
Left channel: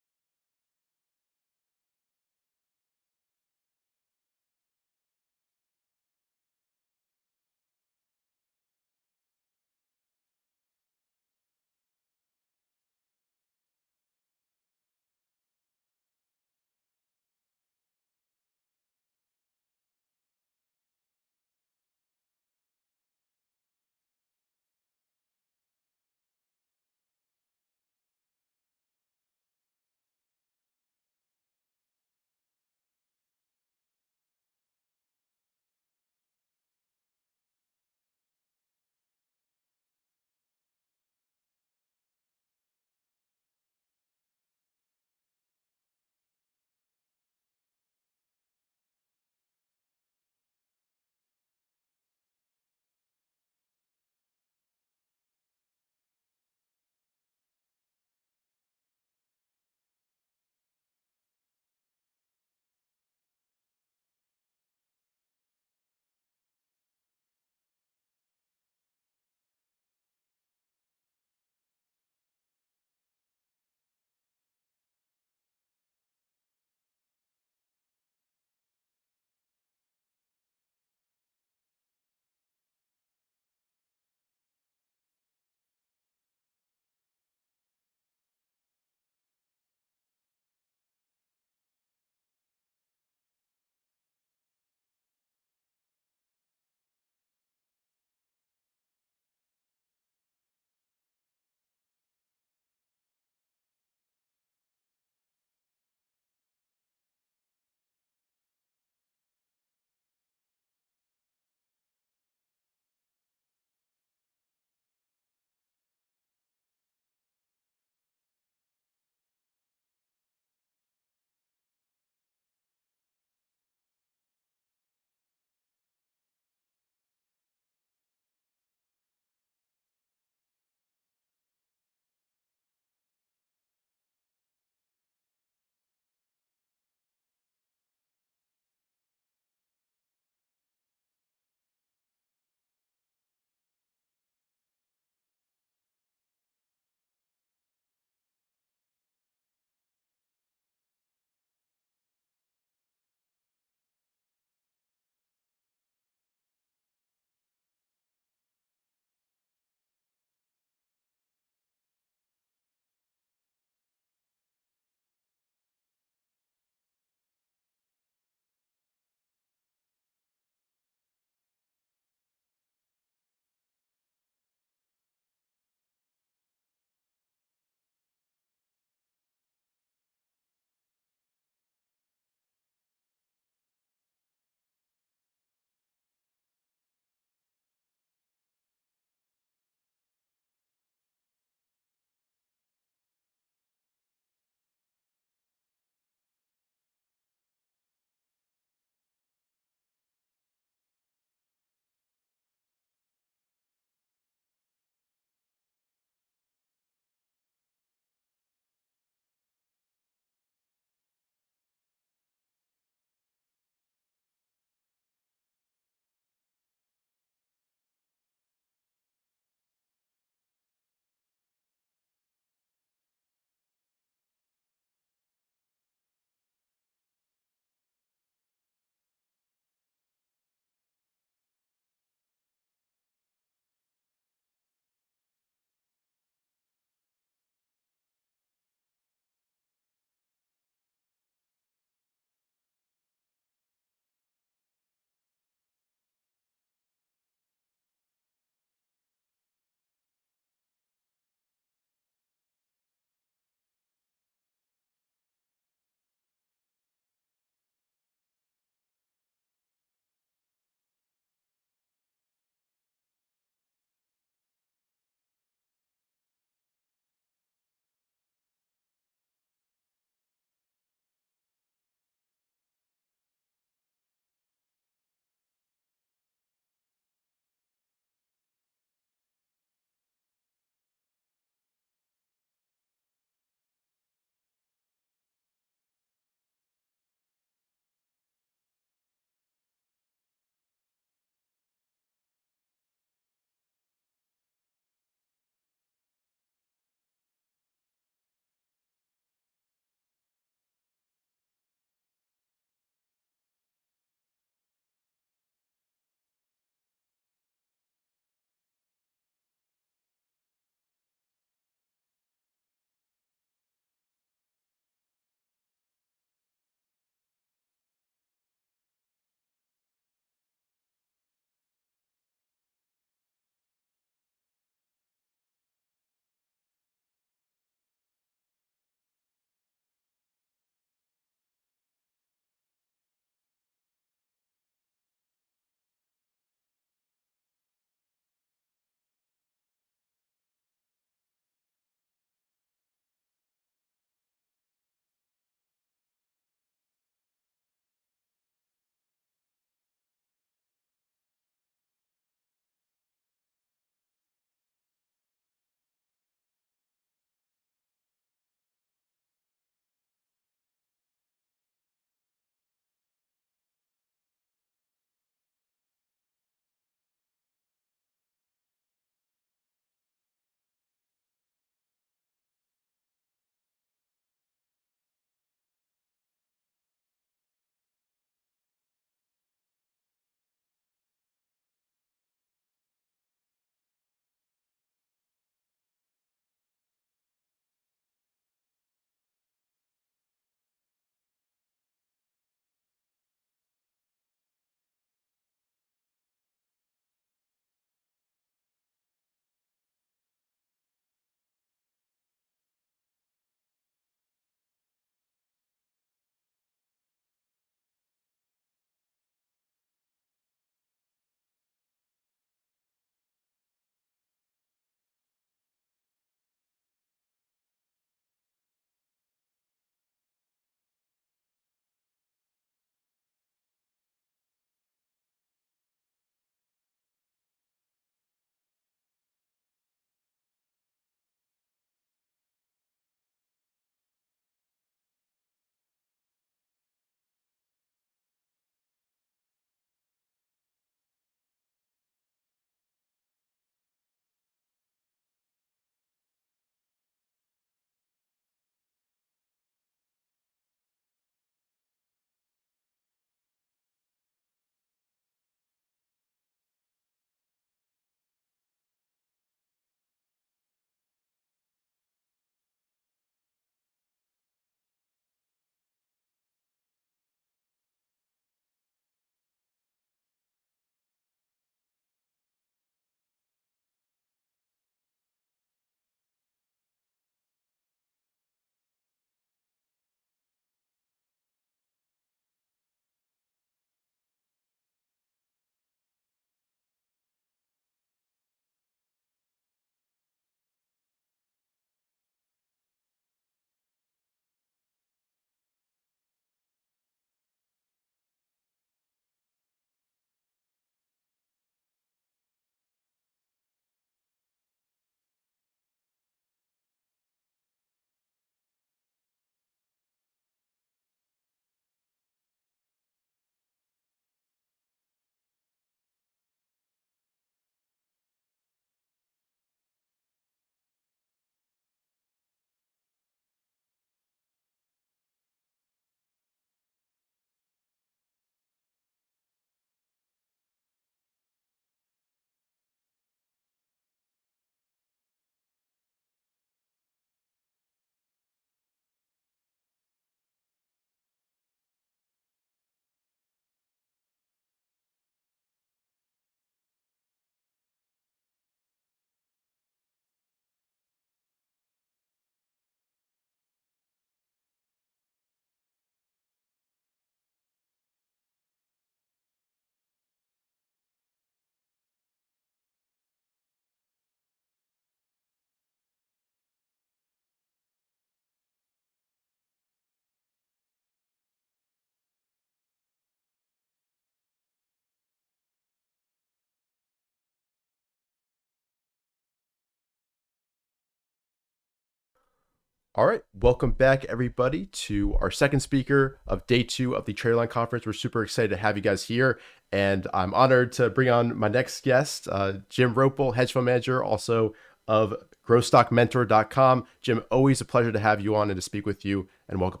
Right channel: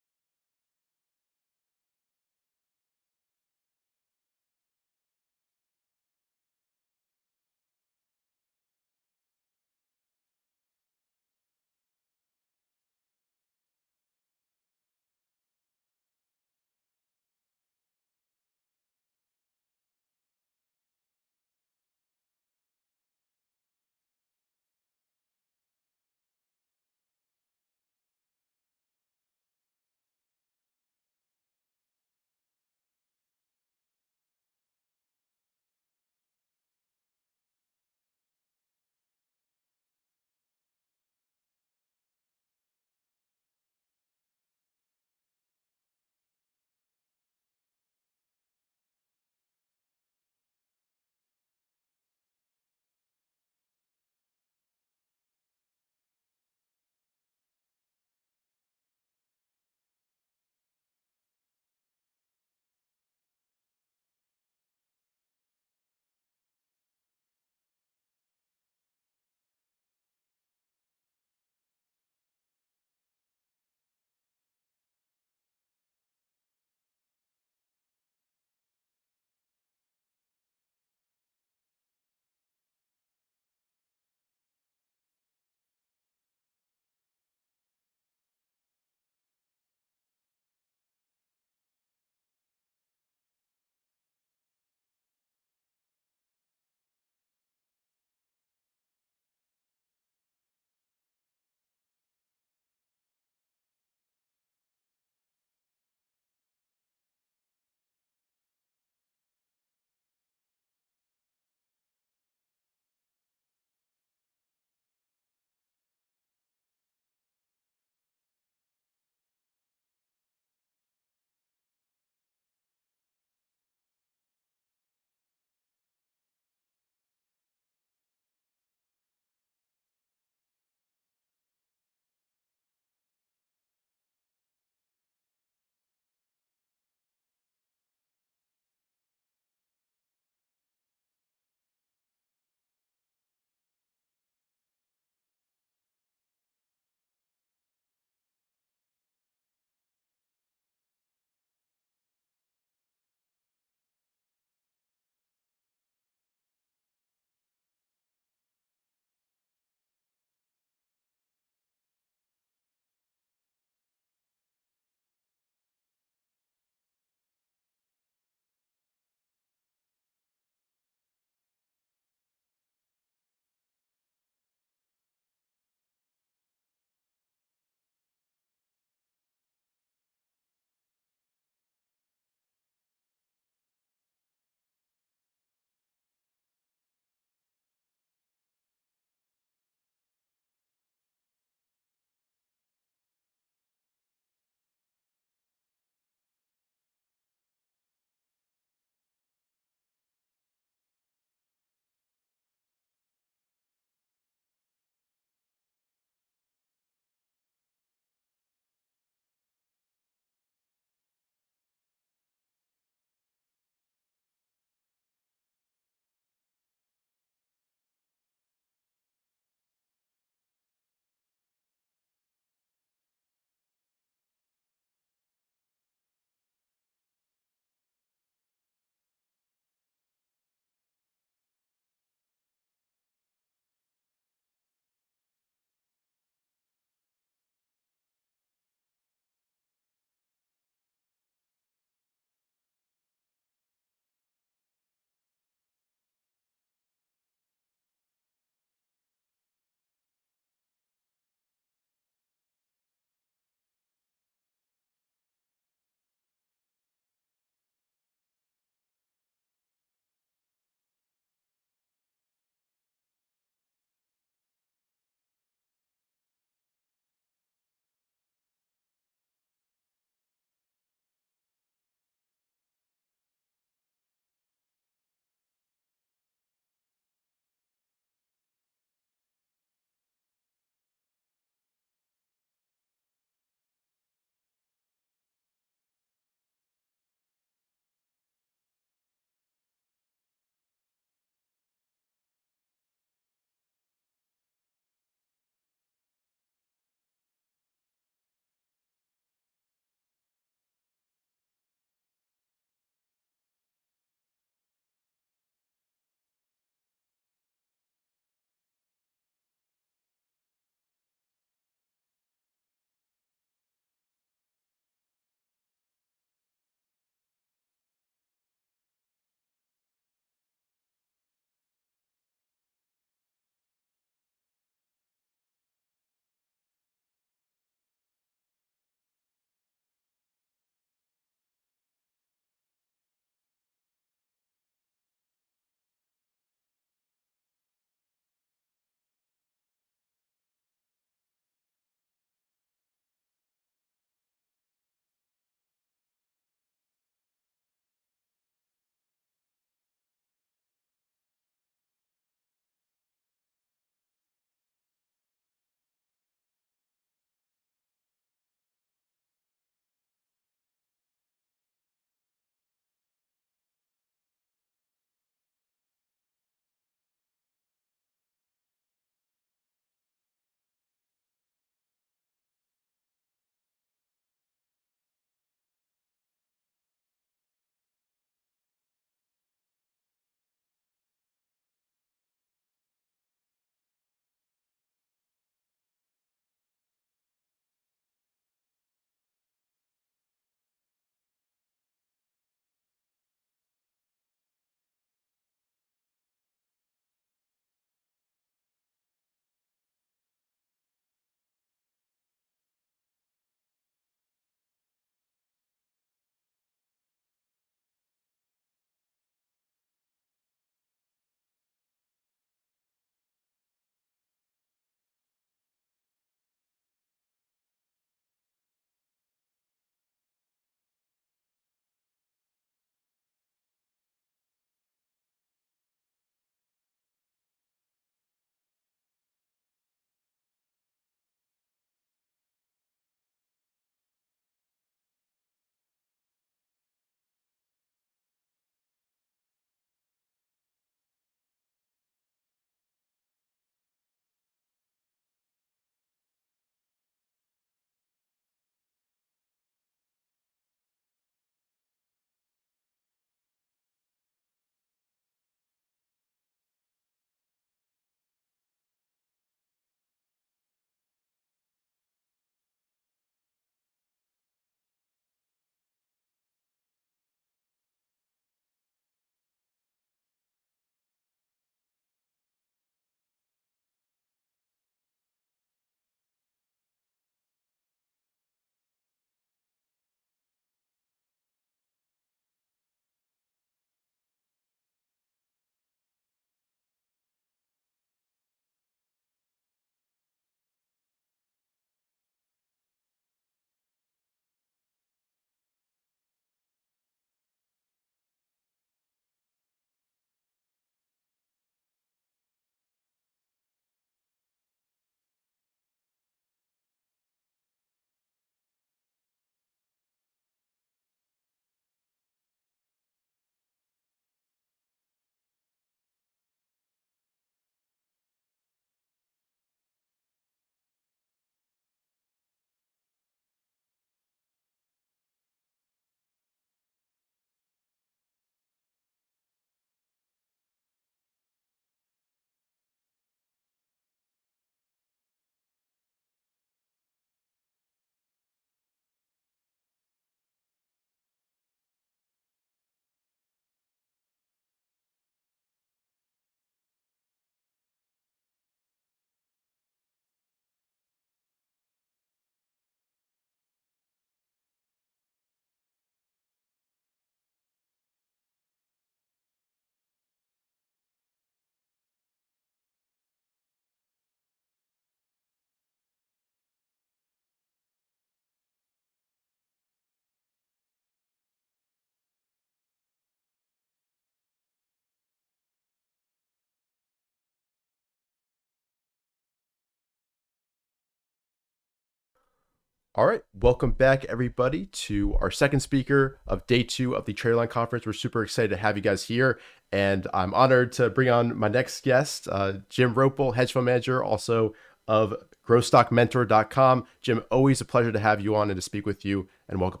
All right, welcome back, everybody, to our second speaker of day two of the TraderLion Conference. We're super excited to have you guys here, and I'm honored to bring on my next guest, Jim Roppel, Hedge Fund Manager, also of GrowStockMentor.com. Jim, always a pleasure to have you on and to speak with you, and welcome.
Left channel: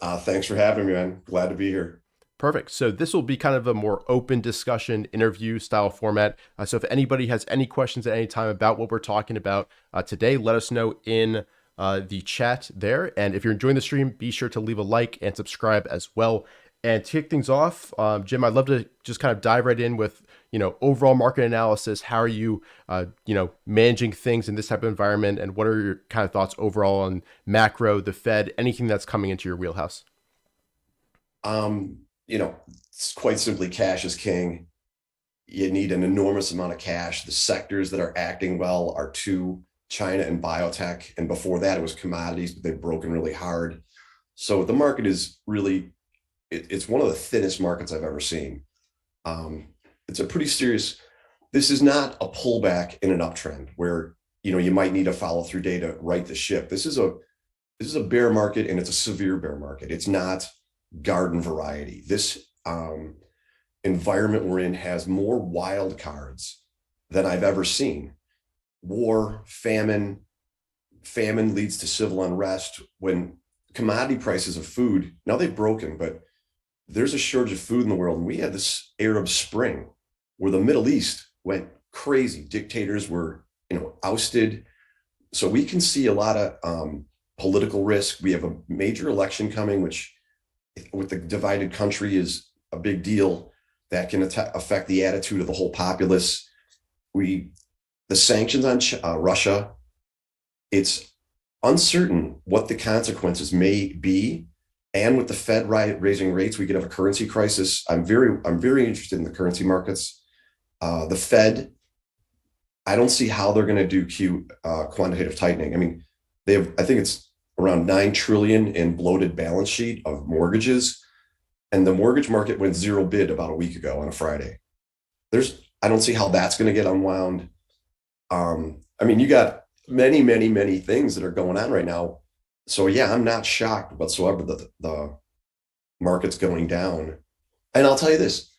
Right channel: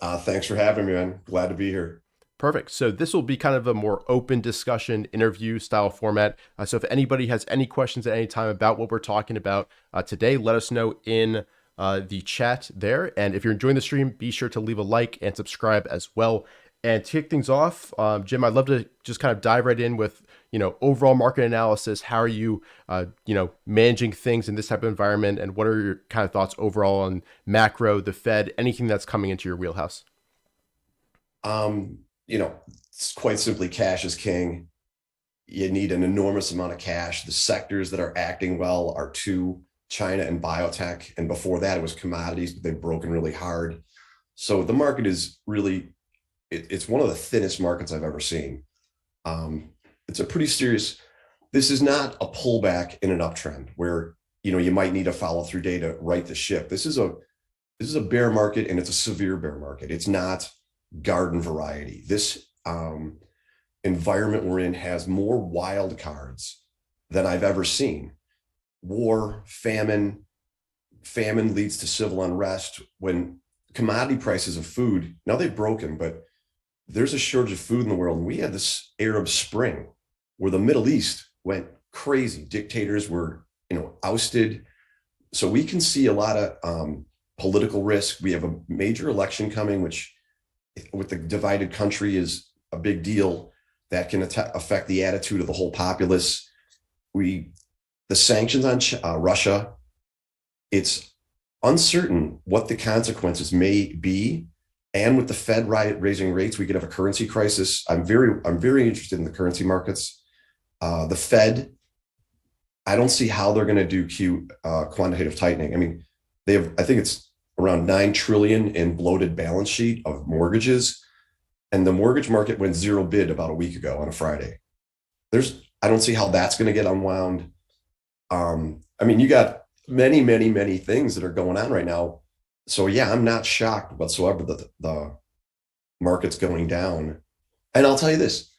Thanks for having me, man. Glad to be here. Perfect. So this will be kind of a more open discussion interview style format. So if anybody has any questions at any time about what we're talking about today, let us know in the chat there. And if you're enjoying the stream, be sure to leave a like and subscribe as well. And to kick things off, Jim, I'd love to just kind of dive right in with, overall market analysis. How are you, managing things in this type of environment? And what are your kind of thoughts overall on macro, the Fed, anything that's coming into your wheelhouse? Um, it's quite simply cash is king. You need an enormous amount of cash. The sectors that are acting well are China and biotech. And before that, it was commodities, but they've broken really hard. So the market is really, it's one of the thinnest markets I've ever seen. It's a pretty serious, this is not a pullback in an uptrend where, you might need a follow through day to right the ship. This is a bear market, and it's a severe bear market. It's not garden variety. This environment we're in has more wild cards than I've ever seen. War, famine leads to civil unrest. When commodity prices of food, now they've broken, but there's a shortage of food in the world. And we had this Arab Spring where the Middle East went crazy. Dictators were, ousted. So we can see a lot of political risk. We have a major election coming, which with the divided country is a big deal that can affect the attitude of the whole populace. The sanctions on Russia, it's uncertain what the consequences may be. And with the Fed raising rates, we could have a currency crisis. I'm very interested in the currency markets. The Fed, I don't see how they're going to do quantitative tightening. I mean, I think it's around 9 trillion in bloated balance sheet of mortgages. And the mortgage market went zero bid about a week ago on a Friday. I don't see how that's going to get unwound. You got many, many, many things that are going on right now. So yeah, I'm not shocked whatsoever that the market's going down. And I'll tell you this,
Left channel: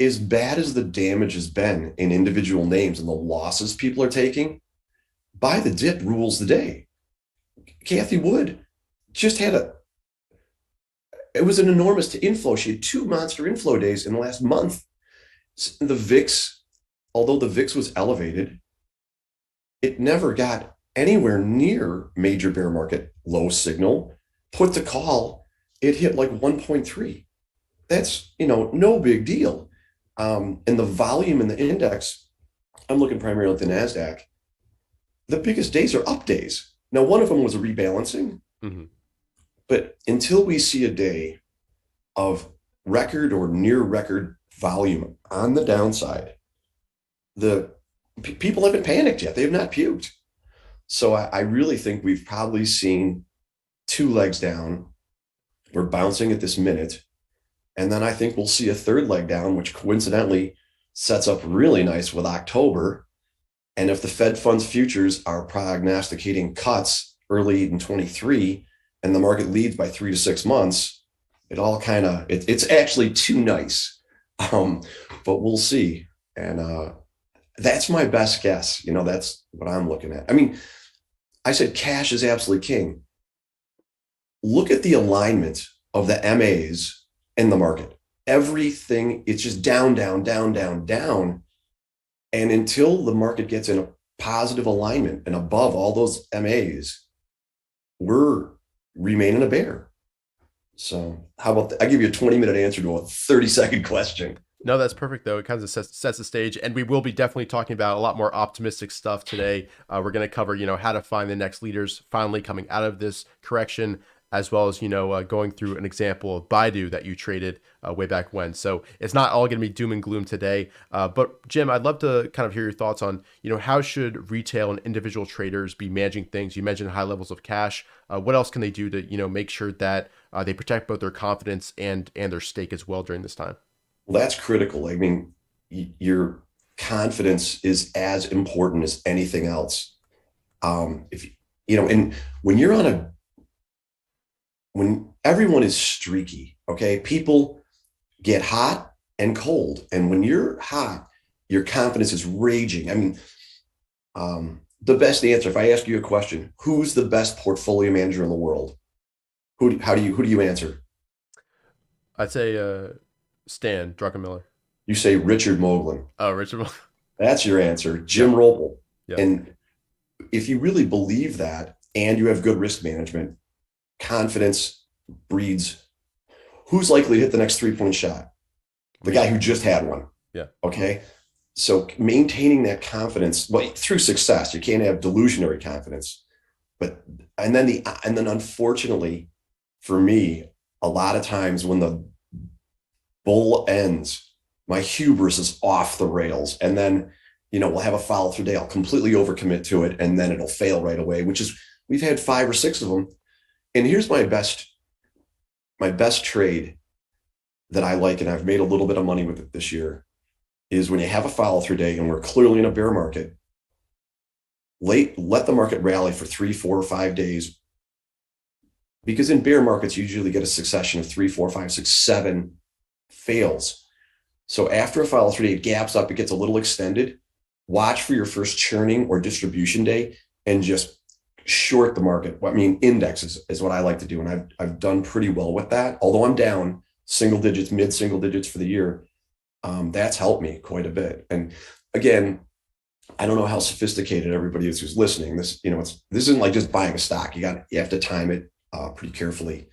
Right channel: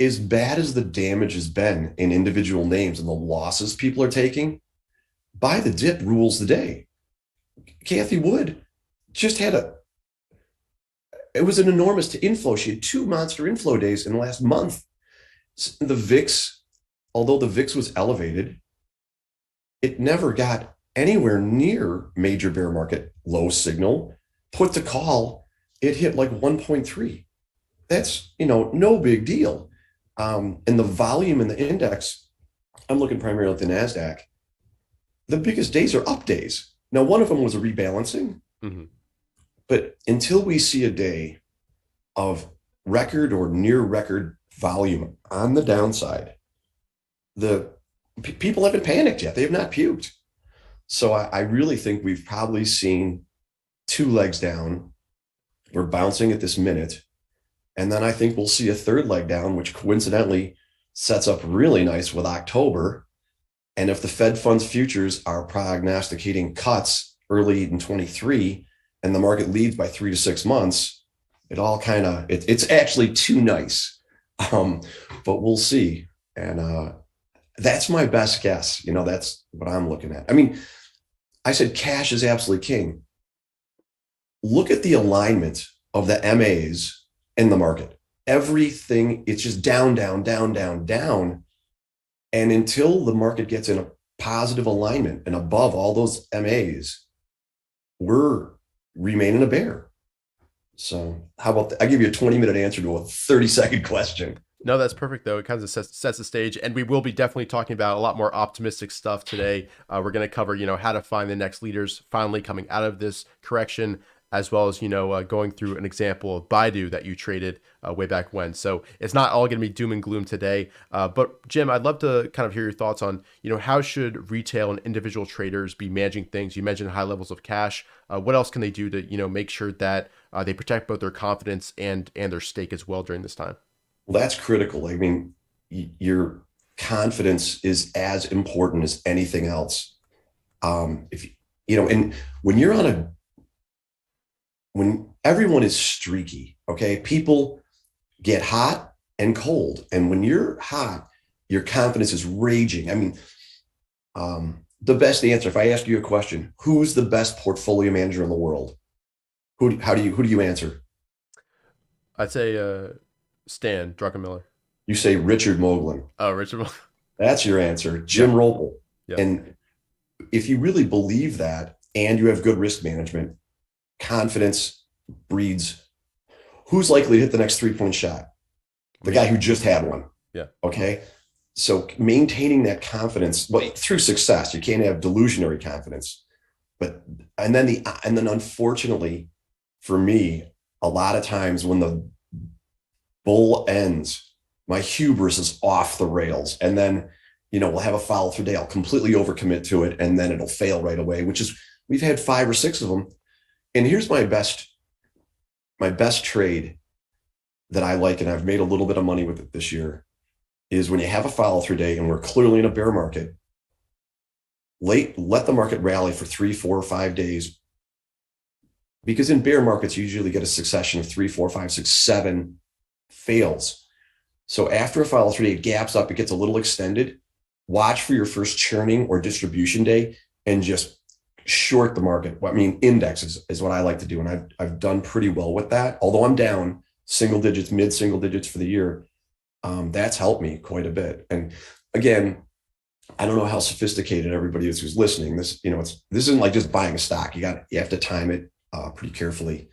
as bad as the damage has been in individual names and the losses people are taking, buy the dip rules the day. Kathy Wood just it was an enormous inflow. She had 2 monster inflow days in the last month. The VIX, although the VIX was elevated, it never got anywhere near major bear market low signal. Put to call, it hit like 1.3. That's, no big deal. And the volume in the index, I'm looking primarily at the NASDAQ, the biggest days are up days. Now, one of them was a rebalancing, but until we see a day of record or near record volume on the downside, the people haven't panicked yet. They have not puked. So I really think we've probably seen 2 legs down. We're bouncing at this minute. And then I think we'll see a 3rd leg down, which coincidentally sets up really nice with October. And if the Fed funds futures are prognosticating cuts early in 23 and the market leads by 3 to 6 months, it all kind of, it's actually too nice. But we'll see. And that's my best guess. That's what I'm looking at. I mean, I said cash is absolutely king. Look at the alignment of the MAs in the market. Everything, it's just down, down, down, down, down. And until the market gets in a positive alignment and above all those MAs, we're remaining a bear. So how about I give you a 20-minute answer to a 30-second question. No, that's perfect, though. It kind of sets the stage. And we will be definitely talking about a lot more optimistic stuff today. We're going to cover, how to find the next leaders finally coming out of this correction, as well as, going through an example of Baidu that you traded way back when. So it's not all going to be doom and gloom today. But Jim, I'd love to kind of hear your thoughts on, how should retail and individual traders be managing things? You mentioned high levels of cash. What else can they do to, make sure that they protect both their confidence and their stake as well during this time? Well, that's critical. I mean, your confidence is as important as anything else. If And when everyone is streaky, okay, people get hot and cold. And when you're hot, your confidence is raging. I mean, the best answer, if I ask you a question, who's the best portfolio manager in the world? Who do you answer? I'd say Stan Druckenmiller. You say Richard Moglen. Oh, Richard. That's your answer. Yeah, Jim Roppel. yeah. And if you really believe that and you have good risk management, confidence breeds. Who's likely to hit the next 3-point shot? The guy who just had one. Yeah. Okay. So maintaining that confidence, well, through success, you can't have delusionary confidence. And then unfortunately for me, a lot of times when the bull ends, my hubris is off the rails. And then, we'll have a follow through day. I'll completely overcommit to it. And then it'll fail right away, which is, we've had 5 or 6 of them. And here's my best trade that I like, and I've made a little bit of money with it this year, is when you have a follow through day and we're clearly in a bear market, let the market rally for 3, 4, or 5 days. Because in bear markets, you usually get a succession of 3, 4, 5, 6, 7 fails. So after a follow through day, it gaps up, it gets a little extended. Watch for your first churning or distribution day and just short the market. I mean, indexes is what I like to do. And I've done pretty well with that. Although I'm down single digits, mid single digits for the year. That's helped me quite a bit. And again, I don't know how sophisticated everybody is who's listening. This isn't like just buying a stock. You have to time it pretty carefully.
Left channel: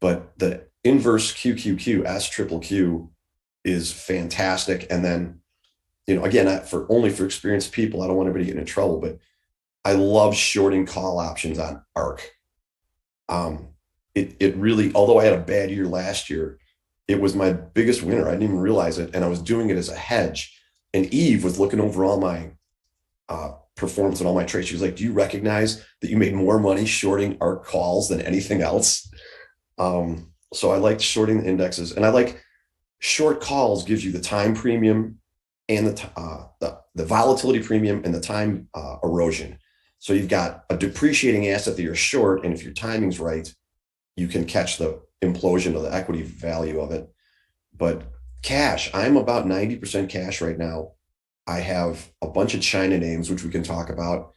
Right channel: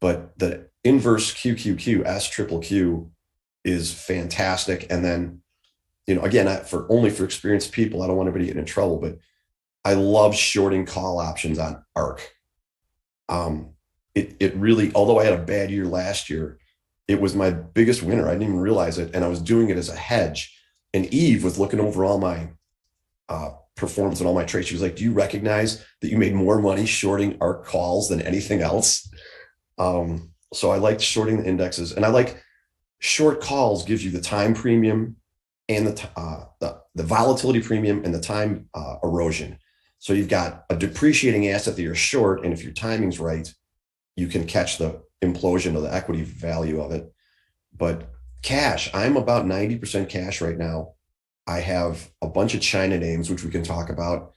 But the inverse QQQ, S triple Q is fantastic. And then, again, for experienced people, I don't want anybody getting in trouble, but I love shorting call options on ARC. It really, although I had a bad year last year, it was my biggest winner. I didn't even realize it. And I was doing it as a hedge. And Eve was looking over all my performance and all my trades. She was like, do you recognize that you made more money shorting ARC calls than anything else? So I liked shorting the indexes, and I like short calls gives you the time premium and the volatility premium and the time erosion. So you've got a depreciating asset that you're short, and if your timing's right, you can catch the implosion of the equity value of it. But cash, I'm about 90% cash right now. I have a bunch of China names, which we can talk about,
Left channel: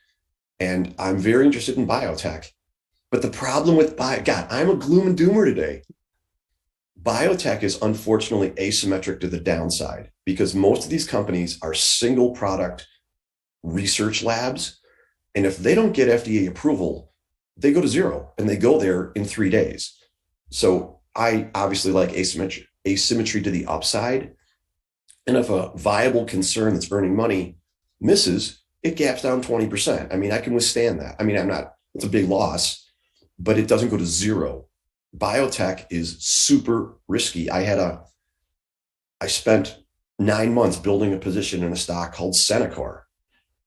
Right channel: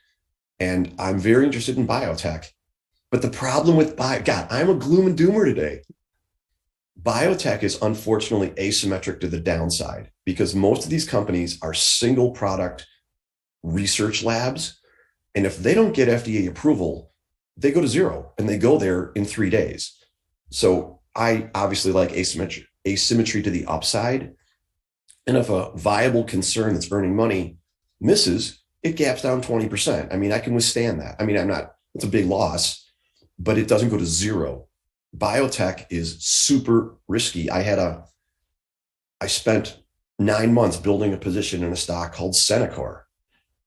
and I'm very interested in biotech. But the problem with God, I'm a gloom and doomer today. Biotech is unfortunately asymmetric to the downside because most of these companies are single product research labs. And if they don't get FDA approval, they go to zero and they go there in 3 days. So I obviously like asymmetry to the upside. And if a viable concern that's earning money misses, it gaps down 20%. I mean, I can withstand that. I mean, it's a big loss, but it doesn't go to zero. Biotech is super risky. I spent 9 months building a position in a stock called Centocor,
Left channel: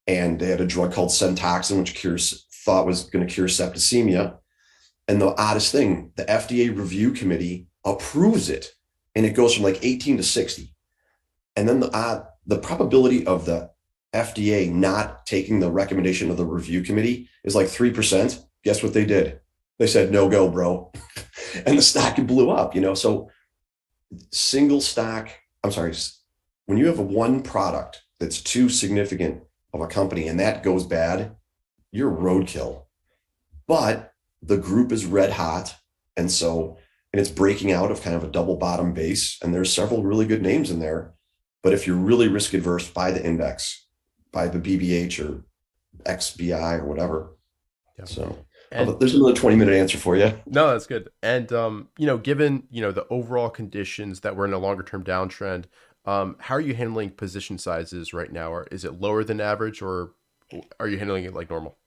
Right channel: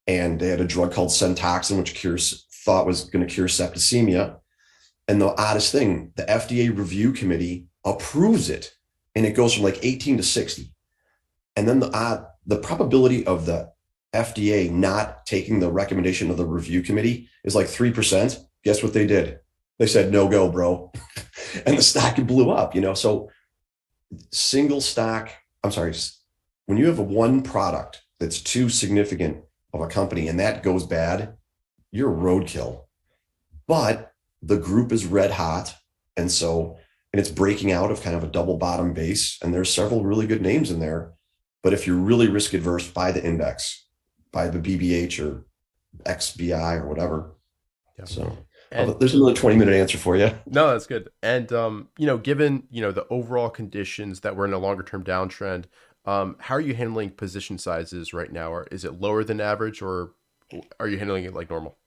and they had a drug called Centoxin, which thought was going to cure septicemia. And the oddest thing, the FDA review committee approves it, and it goes from like 18 to 60. And then the probability of the FDA not taking the recommendation of the review committee is like 3%. Guess what they did? They said, no go, bro. And the stock blew up, So single stock, when you have one product that's too significant of a company and that goes bad, you're roadkill. But the group is red hot. And it's breaking out of kind of a double bottom base. And there's several really good names in there. But if you're really risk adverse, buy the index, buy the BBH or XBI or whatever. Yeah. So there's another 20-minute answer for you. No, that's good. And, given, the overall conditions that we're in a longer term downtrend, how are you handling position sizes right now? Or is it lower than average, or are you handling it like normal?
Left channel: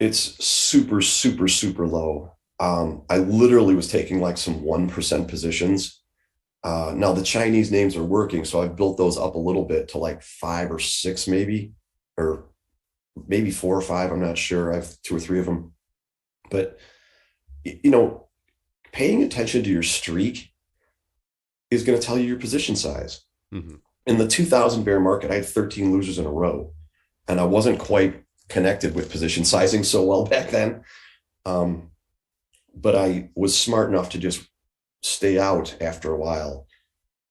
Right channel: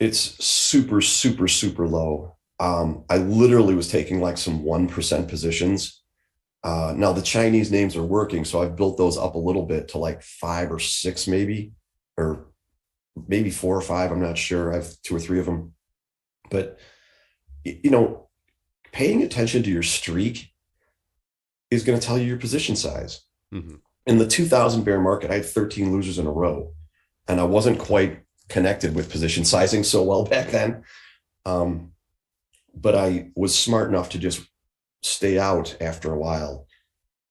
It's super, super, super low. I literally was taking like some 1% positions. Now the Chinese names are working, so I've built those up a little bit to like 5 or 6 maybe, or maybe 4 or 5. I'm not sure. I have 2 or 3 of them. But, paying attention to your streak is going to tell you your position size. Mm-hmm. In the 2000 bear market, I had 13 losers in a row, and I wasn't quite connected with position sizing so well back then. But I was smart enough to just stay out after a while.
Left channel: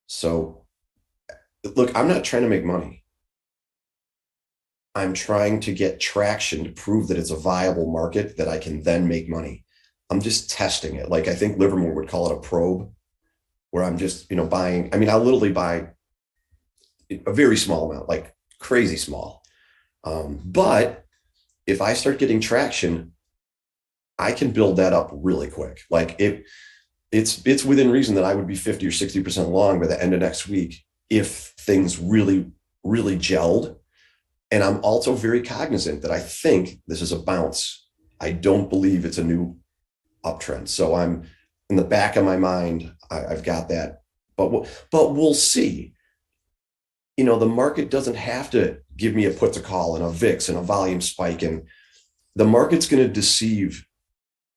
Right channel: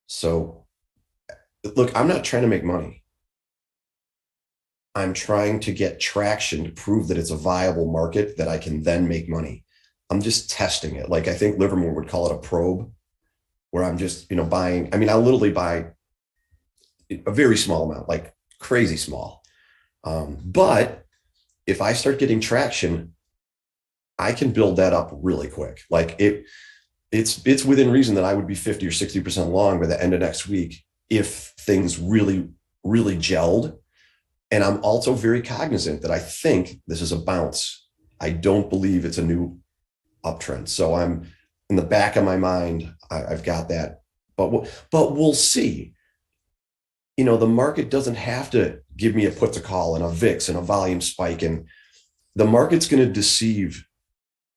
So look, I'm not trying to make money. I'm trying to get traction to prove that it's a viable market that I can then make money. I'm just testing it. Like I think Livermore would call it a probe, where I'm just, buying. I mean, I'll literally buy a very small amount, like crazy small. But if I start getting traction, I can build that up really quick. Like it's within reason that I would be 50 or 60% long by the end of next week if things really, really gelled. And I'm also very cognizant that I think this is a bounce. I don't believe it's a new uptrend. So I'm in the back of my mind, I've got that. But we'll see. The market doesn't have to give me a put to call and a VIX and a volume spike. And the market's going to deceive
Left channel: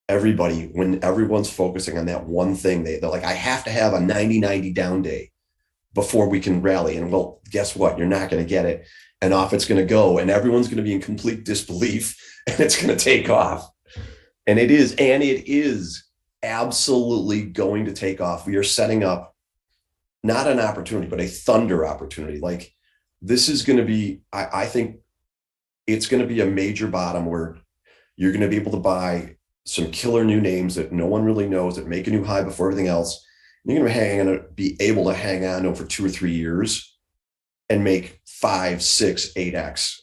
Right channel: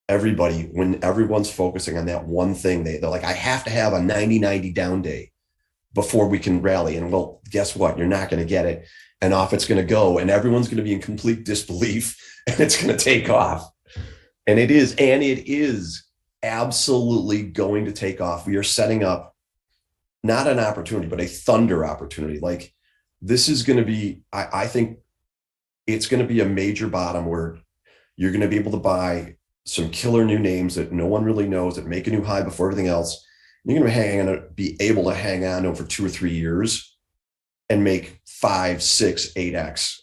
everybody when everyone's focusing on that one thing. They're like, I have to have a 90-90 down day before we can rally. And well, guess what? You're not going to get it. And off it's going to go. And everyone's going to be in complete disbelief and it's going to take off. And it is absolutely going to take off. We are setting up not an opportunity, but a thunder opportunity. Like this is going to be, I think it's going to be a major bottom where you're going to be able to buy some killer new names that no one really knows that make a new high before everything else. You're going to be able to hang on to them for 2 or 3 years and make 5, 6, 8x.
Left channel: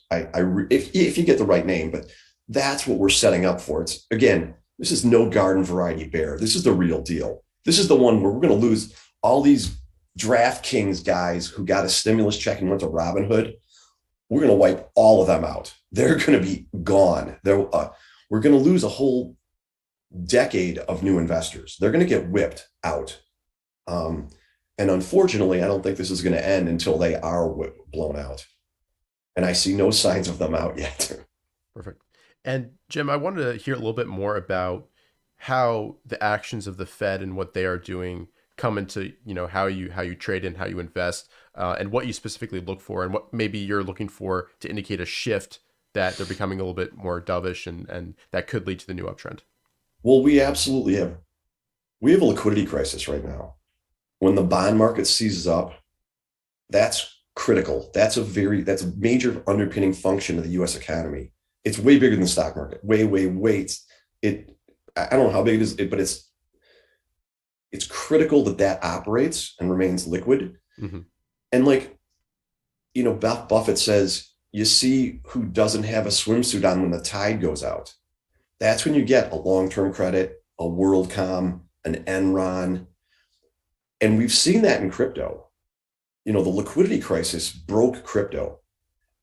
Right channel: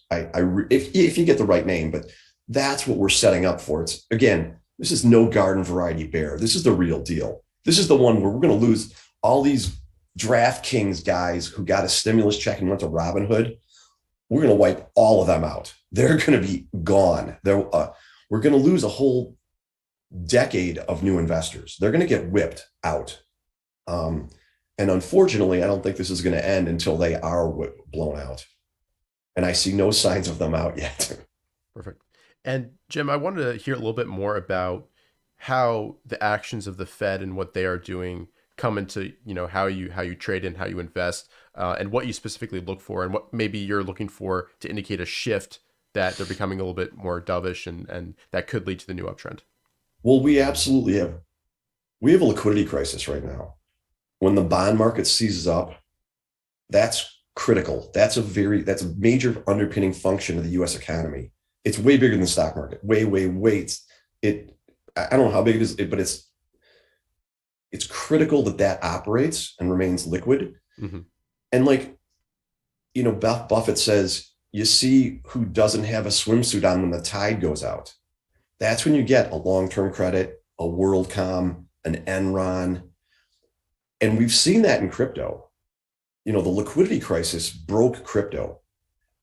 If you get the right name, but that's what we're setting up for. It's again, this is no garden variety bear. This is the real deal. This is the one where we're going to lose all these DraftKings guys who got a stimulus check and went to Robinhood. We're going to wipe all of them out. They're going to be gone. We're going to lose a whole decade of new investors. They're going to get whipped out. And unfortunately, I don't think this is going to end until they are blown out. And I see no signs of them out yet. Perfect. And Jim, I wanted to hear a little bit more about how the actions of the Fed and what they are doing come into, how you trade and how you invest, and what you specifically look for and what maybe you're looking for to indicate a shift that they're becoming a little bit more dovish and that could lead to the new uptrend. Well, we absolutely have. We have a liquidity crisis right now. When the bond market seizes up, that's critical. That's a major underpinning function of the U.S. economy. It's way bigger than the stock market. Way. I don't know how big it is, but it's critical that operates and remains liquid. Mm-hmm. And Buffett says, you see who doesn't have a swimsuit on when the tide goes out. That's when you get a long-term credit, a WorldCom, an Enron. And we've seen that in crypto. The liquidity crisis broke crypto.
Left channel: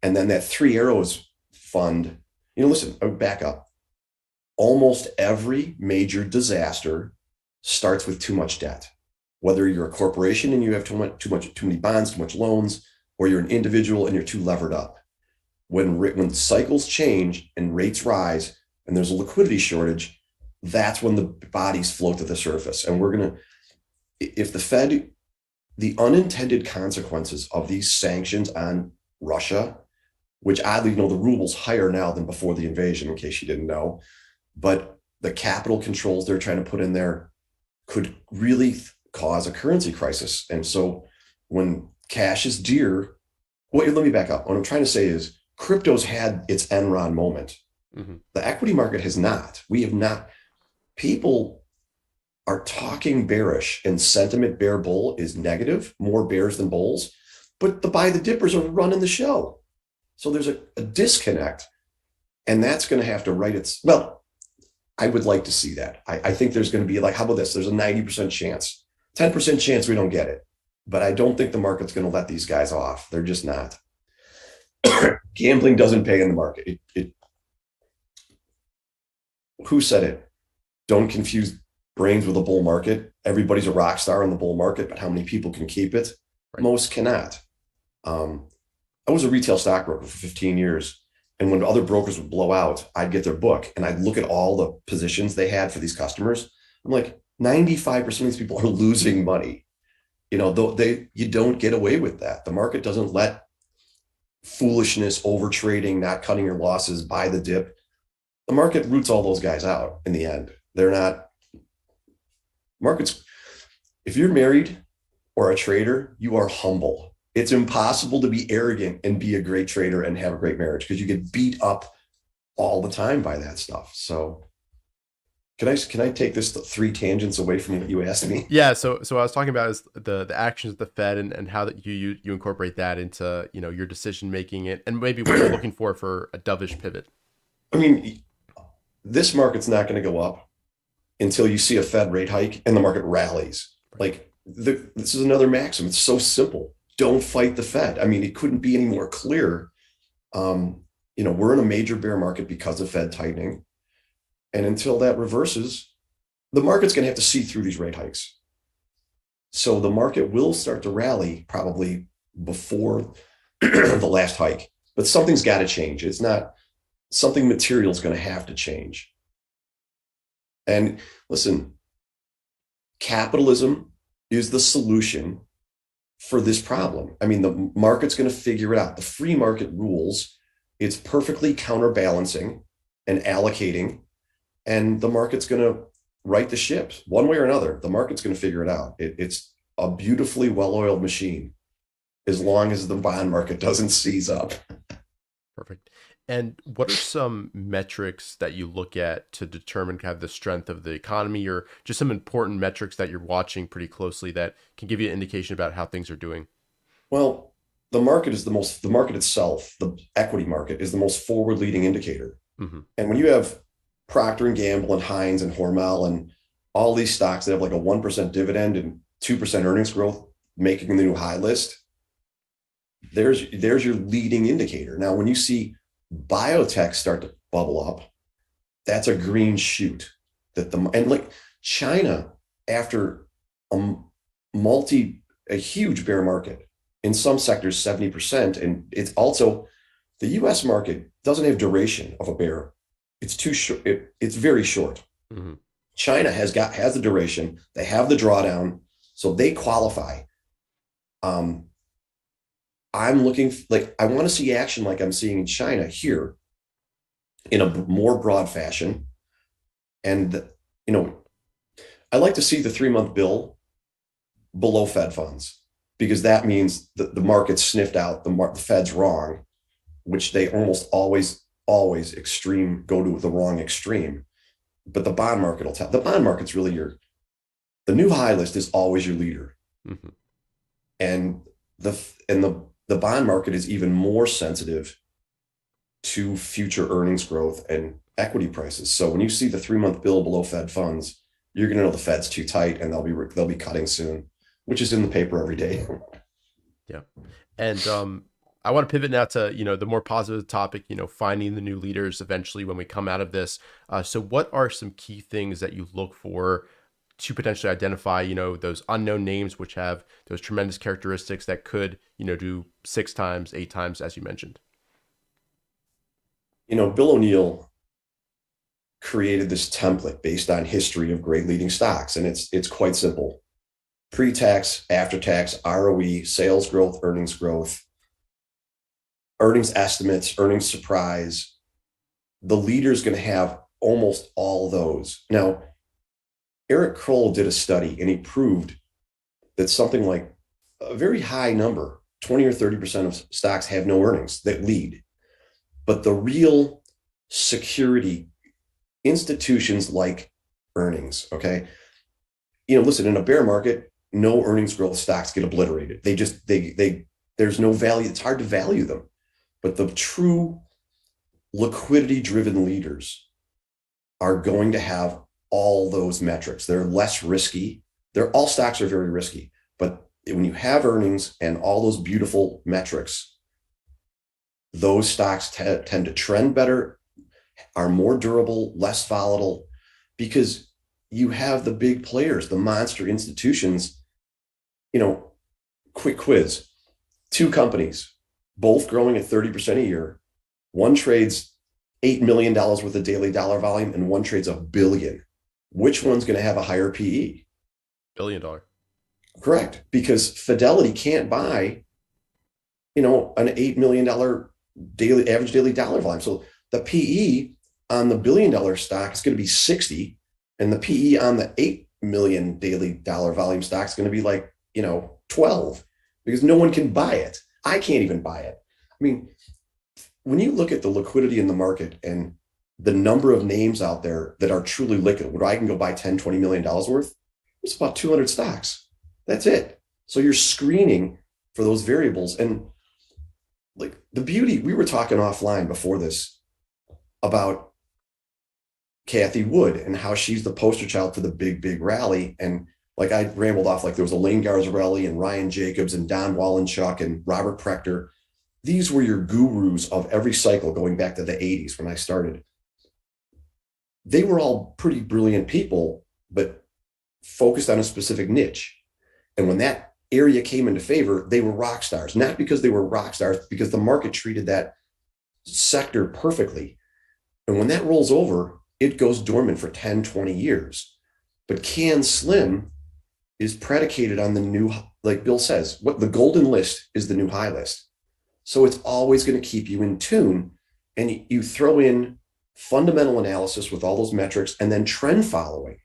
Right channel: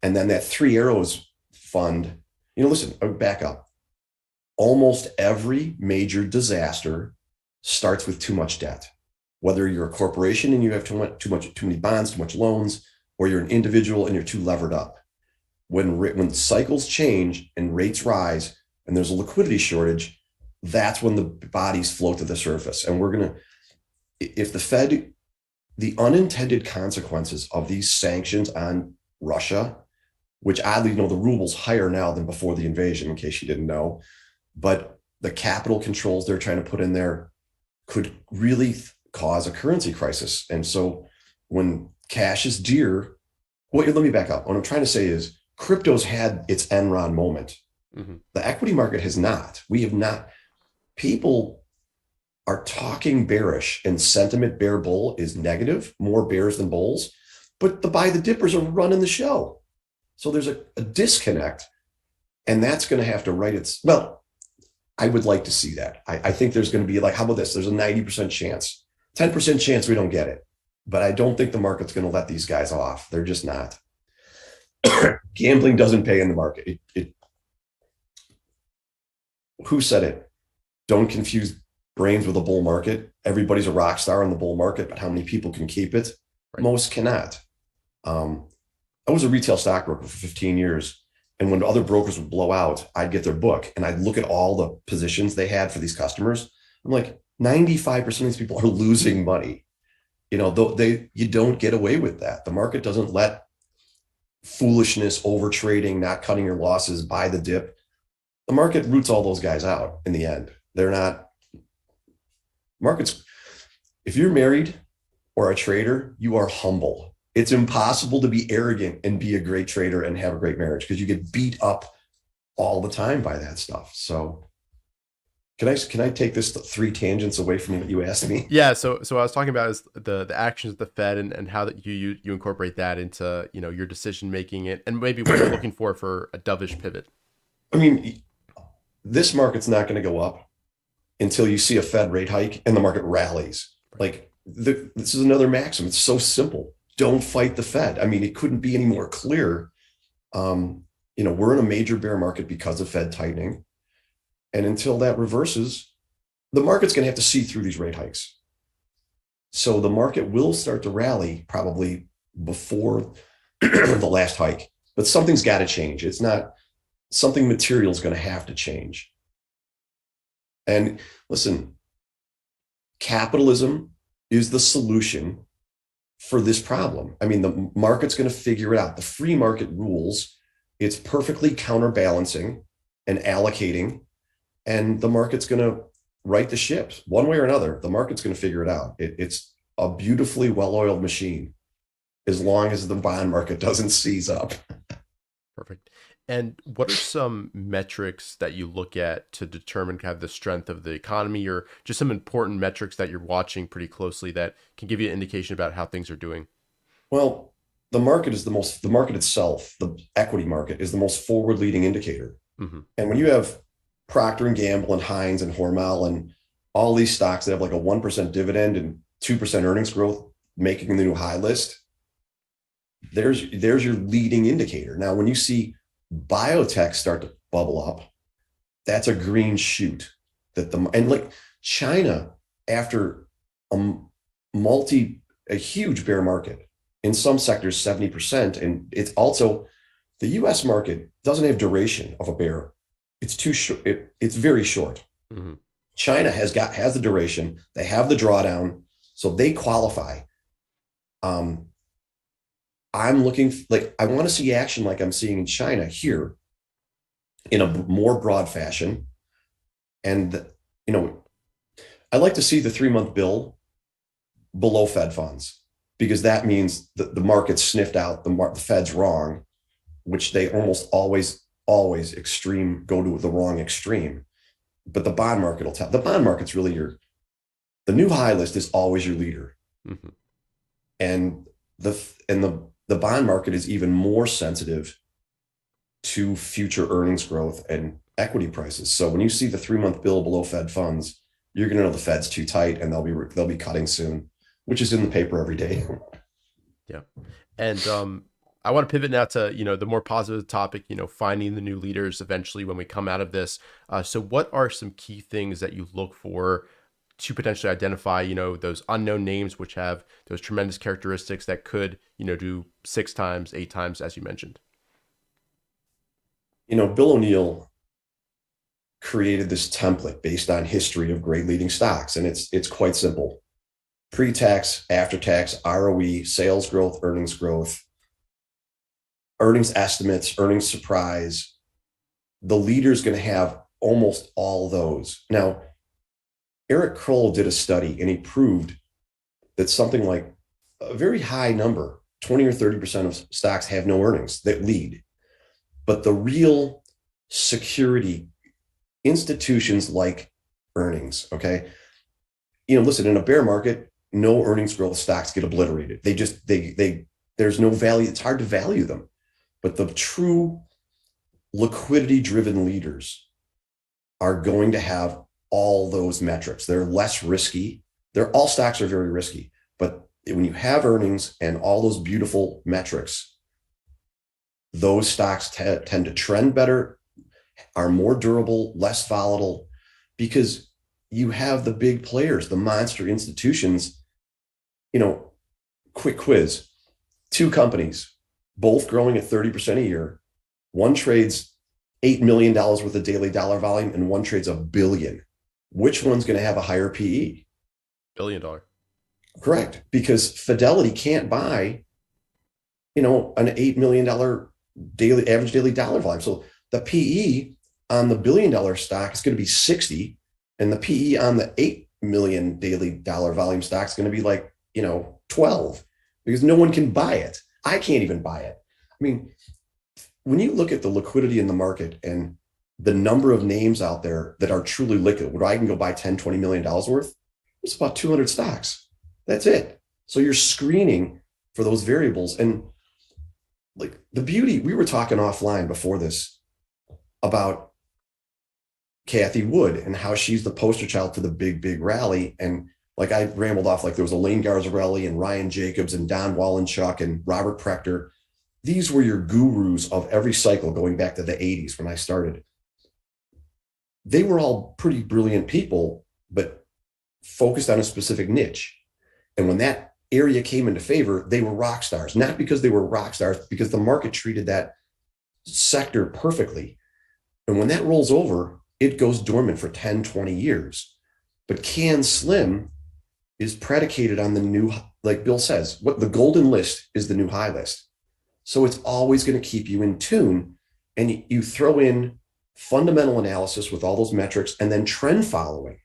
And then that Three Arrows fund, listen, I would back up. Almost every major disaster starts with too much debt. Whether you're a corporation and you have too many bonds, too much loans, or you're an individual and you're too levered up. When cycles change and rates rise and there's a liquidity shortage, that's when the bodies float to the surface. And if the Fed, the unintended consequences of these sanctions on Russia, which oddly, the ruble's higher now than before the invasion, in case you didn't know, but the capital controls they're trying to put in there could really cause a currency crisis. And so when cash is dear, let me back up. What I'm trying to say is crypto's had its Enron moment. Mm-hmm. The equity market has not. We have not. People are talking bearish, and sentiment bear bull is negative, more bears than bulls, but the buy the dippers are running the show. So there's a disconnect, and that's going to have to I would like to see that. I think there's going to be how about this? There's a 90% chance, 10% chance we don't get it, but I don't think the market's going to let these guys off. They're just not. Gambling doesn't pay in the market. Who said it? Don't confuse brains with a bull market. Everybody's a rock star in the bull market, but how many people can keep it? Right. Most cannot. I was a retail stockbroker for 15 years. And when other brokers would blow out, I'd get their book and I'd look at all the positions they had for these customers. I'm like, 95% of these people are losing money. You don't get away with that. The market doesn't let foolishness, over trading, not cutting your losses, buy the dip. The market roots all those guys out in the end. They're not markets. If you're married or a trader, you are humble. It's impossible to be arrogant and be a great trader and have a great marriage because you get beat up all the time by that stuff. So can I take this 3 tangents away from what you asked me? Yeah, so what I was talking about is the actions of the Fed and how that you incorporate that into, you know, your decision making and maybe what you're looking for a dovish pivot. I mean, this market's not going to go up until you see a Fed rate hike and the market rallies. Like this is another maxim. It's so simple. Don't fight the Fed. I mean, it couldn't be any more clear. You know, we're in a major bear market because of Fed tightening. And until that reverses, the market's going to have to see through these rate hikes. So the market will start to rally probably before the last hike, but something's got to change. It's not something material is going to have to change. And listen, capitalism is the solution for this problem. I mean, the market's going to figure it out. The free market rules, it's perfectly counterbalancing and allocating, and the market's going to right the ships one way or another. The market's going to figure it out. It's a beautifully well-oiled machine as long as the bond market doesn't seize up. Perfect. And what are some metrics that you look at to determine kind of the strength of the economy, or just some important metrics that you're watching pretty closely that can give you an indication about how things are doing? Well, the market itself, the equity market is the most forward leading indicator. Mm-hmm. And when you have Procter and Gamble and Heinz and Hormel and all these stocks that have like a 1% dividend and 2% earnings growth making the new high list, there's your leading indicator. Now, when you see biotech start to bubble up, that's a green shoot and like China, after a huge bear market, in some sectors 70%, and it's also the US market doesn't have duration of a bear. It's too short. It's very short. Mm-hmm. China has the duration. They have the drawdown, so they qualify. I'm looking like I want to see action like I'm seeing in China here in a more broad fashion. And, you know, I like to see the 3-month bill below Fed funds, because that means that the market sniffed out the Fed's wrong, which they almost always go to the wrong extreme. But the bond market will tell. The bond market's really the new high list is always your leader. Mm-hmm. And the bond market is even more sensitive to future earnings growth and equity prices. So when you see the 3-month bill below Fed funds, you're going to know the Fed's too tight and they'll be cutting soon, which is in the paper every day. Yeah. And I want to pivot now to, you know, the more positive topic, you know, finding the new leaders eventually when we come out of this. So what are some key things that you look for to potentially identify, you know, those unknown names, which have those tremendous characteristics that could, you know, do 6 times, 8 times, as you mentioned? You know, Bill O'Neill created this template based on history of great leading stocks. And it's quite simple. Pre-tax, after-tax, ROE, sales growth, earnings estimates, earnings surprise. The leader's going to have almost all those. Now, Eric Kroll did a study and he proved that something like a very high number, 20 or 30% of stocks have no earnings that lead. But the real security institutions like earnings, okay? You know, listen, in a bear market, no earnings growth stocks get obliterated. There's no value. It's hard to value them. But the true liquidity-driven leaders are going to have all those metrics. They're less risky. All stocks are very risky. But when you have earnings and all those beautiful metrics, those stocks tend to trend better, are more durable, less volatile, because you have the big players, the monster institutions. You know, quick quiz, 2 companies, both growing at 30% a year. One trades $8 million worth of daily dollar volume and one trades $1 billion. Which one's going to have a higher PE? $1 billion. Correct. Because Fidelity can't buy an $8 million daily average daily dollar volume. So the PE on the $1 billion stock is going to be 60, and the PE on the 8 million daily dollar volume stock is going to be like, 12, because no one can buy it. I can't even buy it. I mean, when you look at the liquidity in the market and the number of names out there that are truly liquid, where I can go buy 10, $20 million worth, it's about 200 stocks. That's it. So you're screening for those variables. And like the beauty, we were talking offline before this about Kathy Wood and how she's the poster child for the big rally. And like I rambled off, like there was a Lane Garzarelli and Ryan Jacobs and Don Wallenchuk and Robert Prechter. These were your gurus of every cycle going back to the 80s when I started. They were all pretty brilliant people, but focused on a specific niche. And when that area came into favor, they were rock stars, not because they were rock stars, because the market treated that sector perfectly. And when that rolls over, it goes dormant for 10, 20 years. But Can Slim is predicated on the new, like Bill says, what the golden list is the new high list. So it's always going to keep you in tune. And you throw in fundamental analysis with all those metrics and then trend following.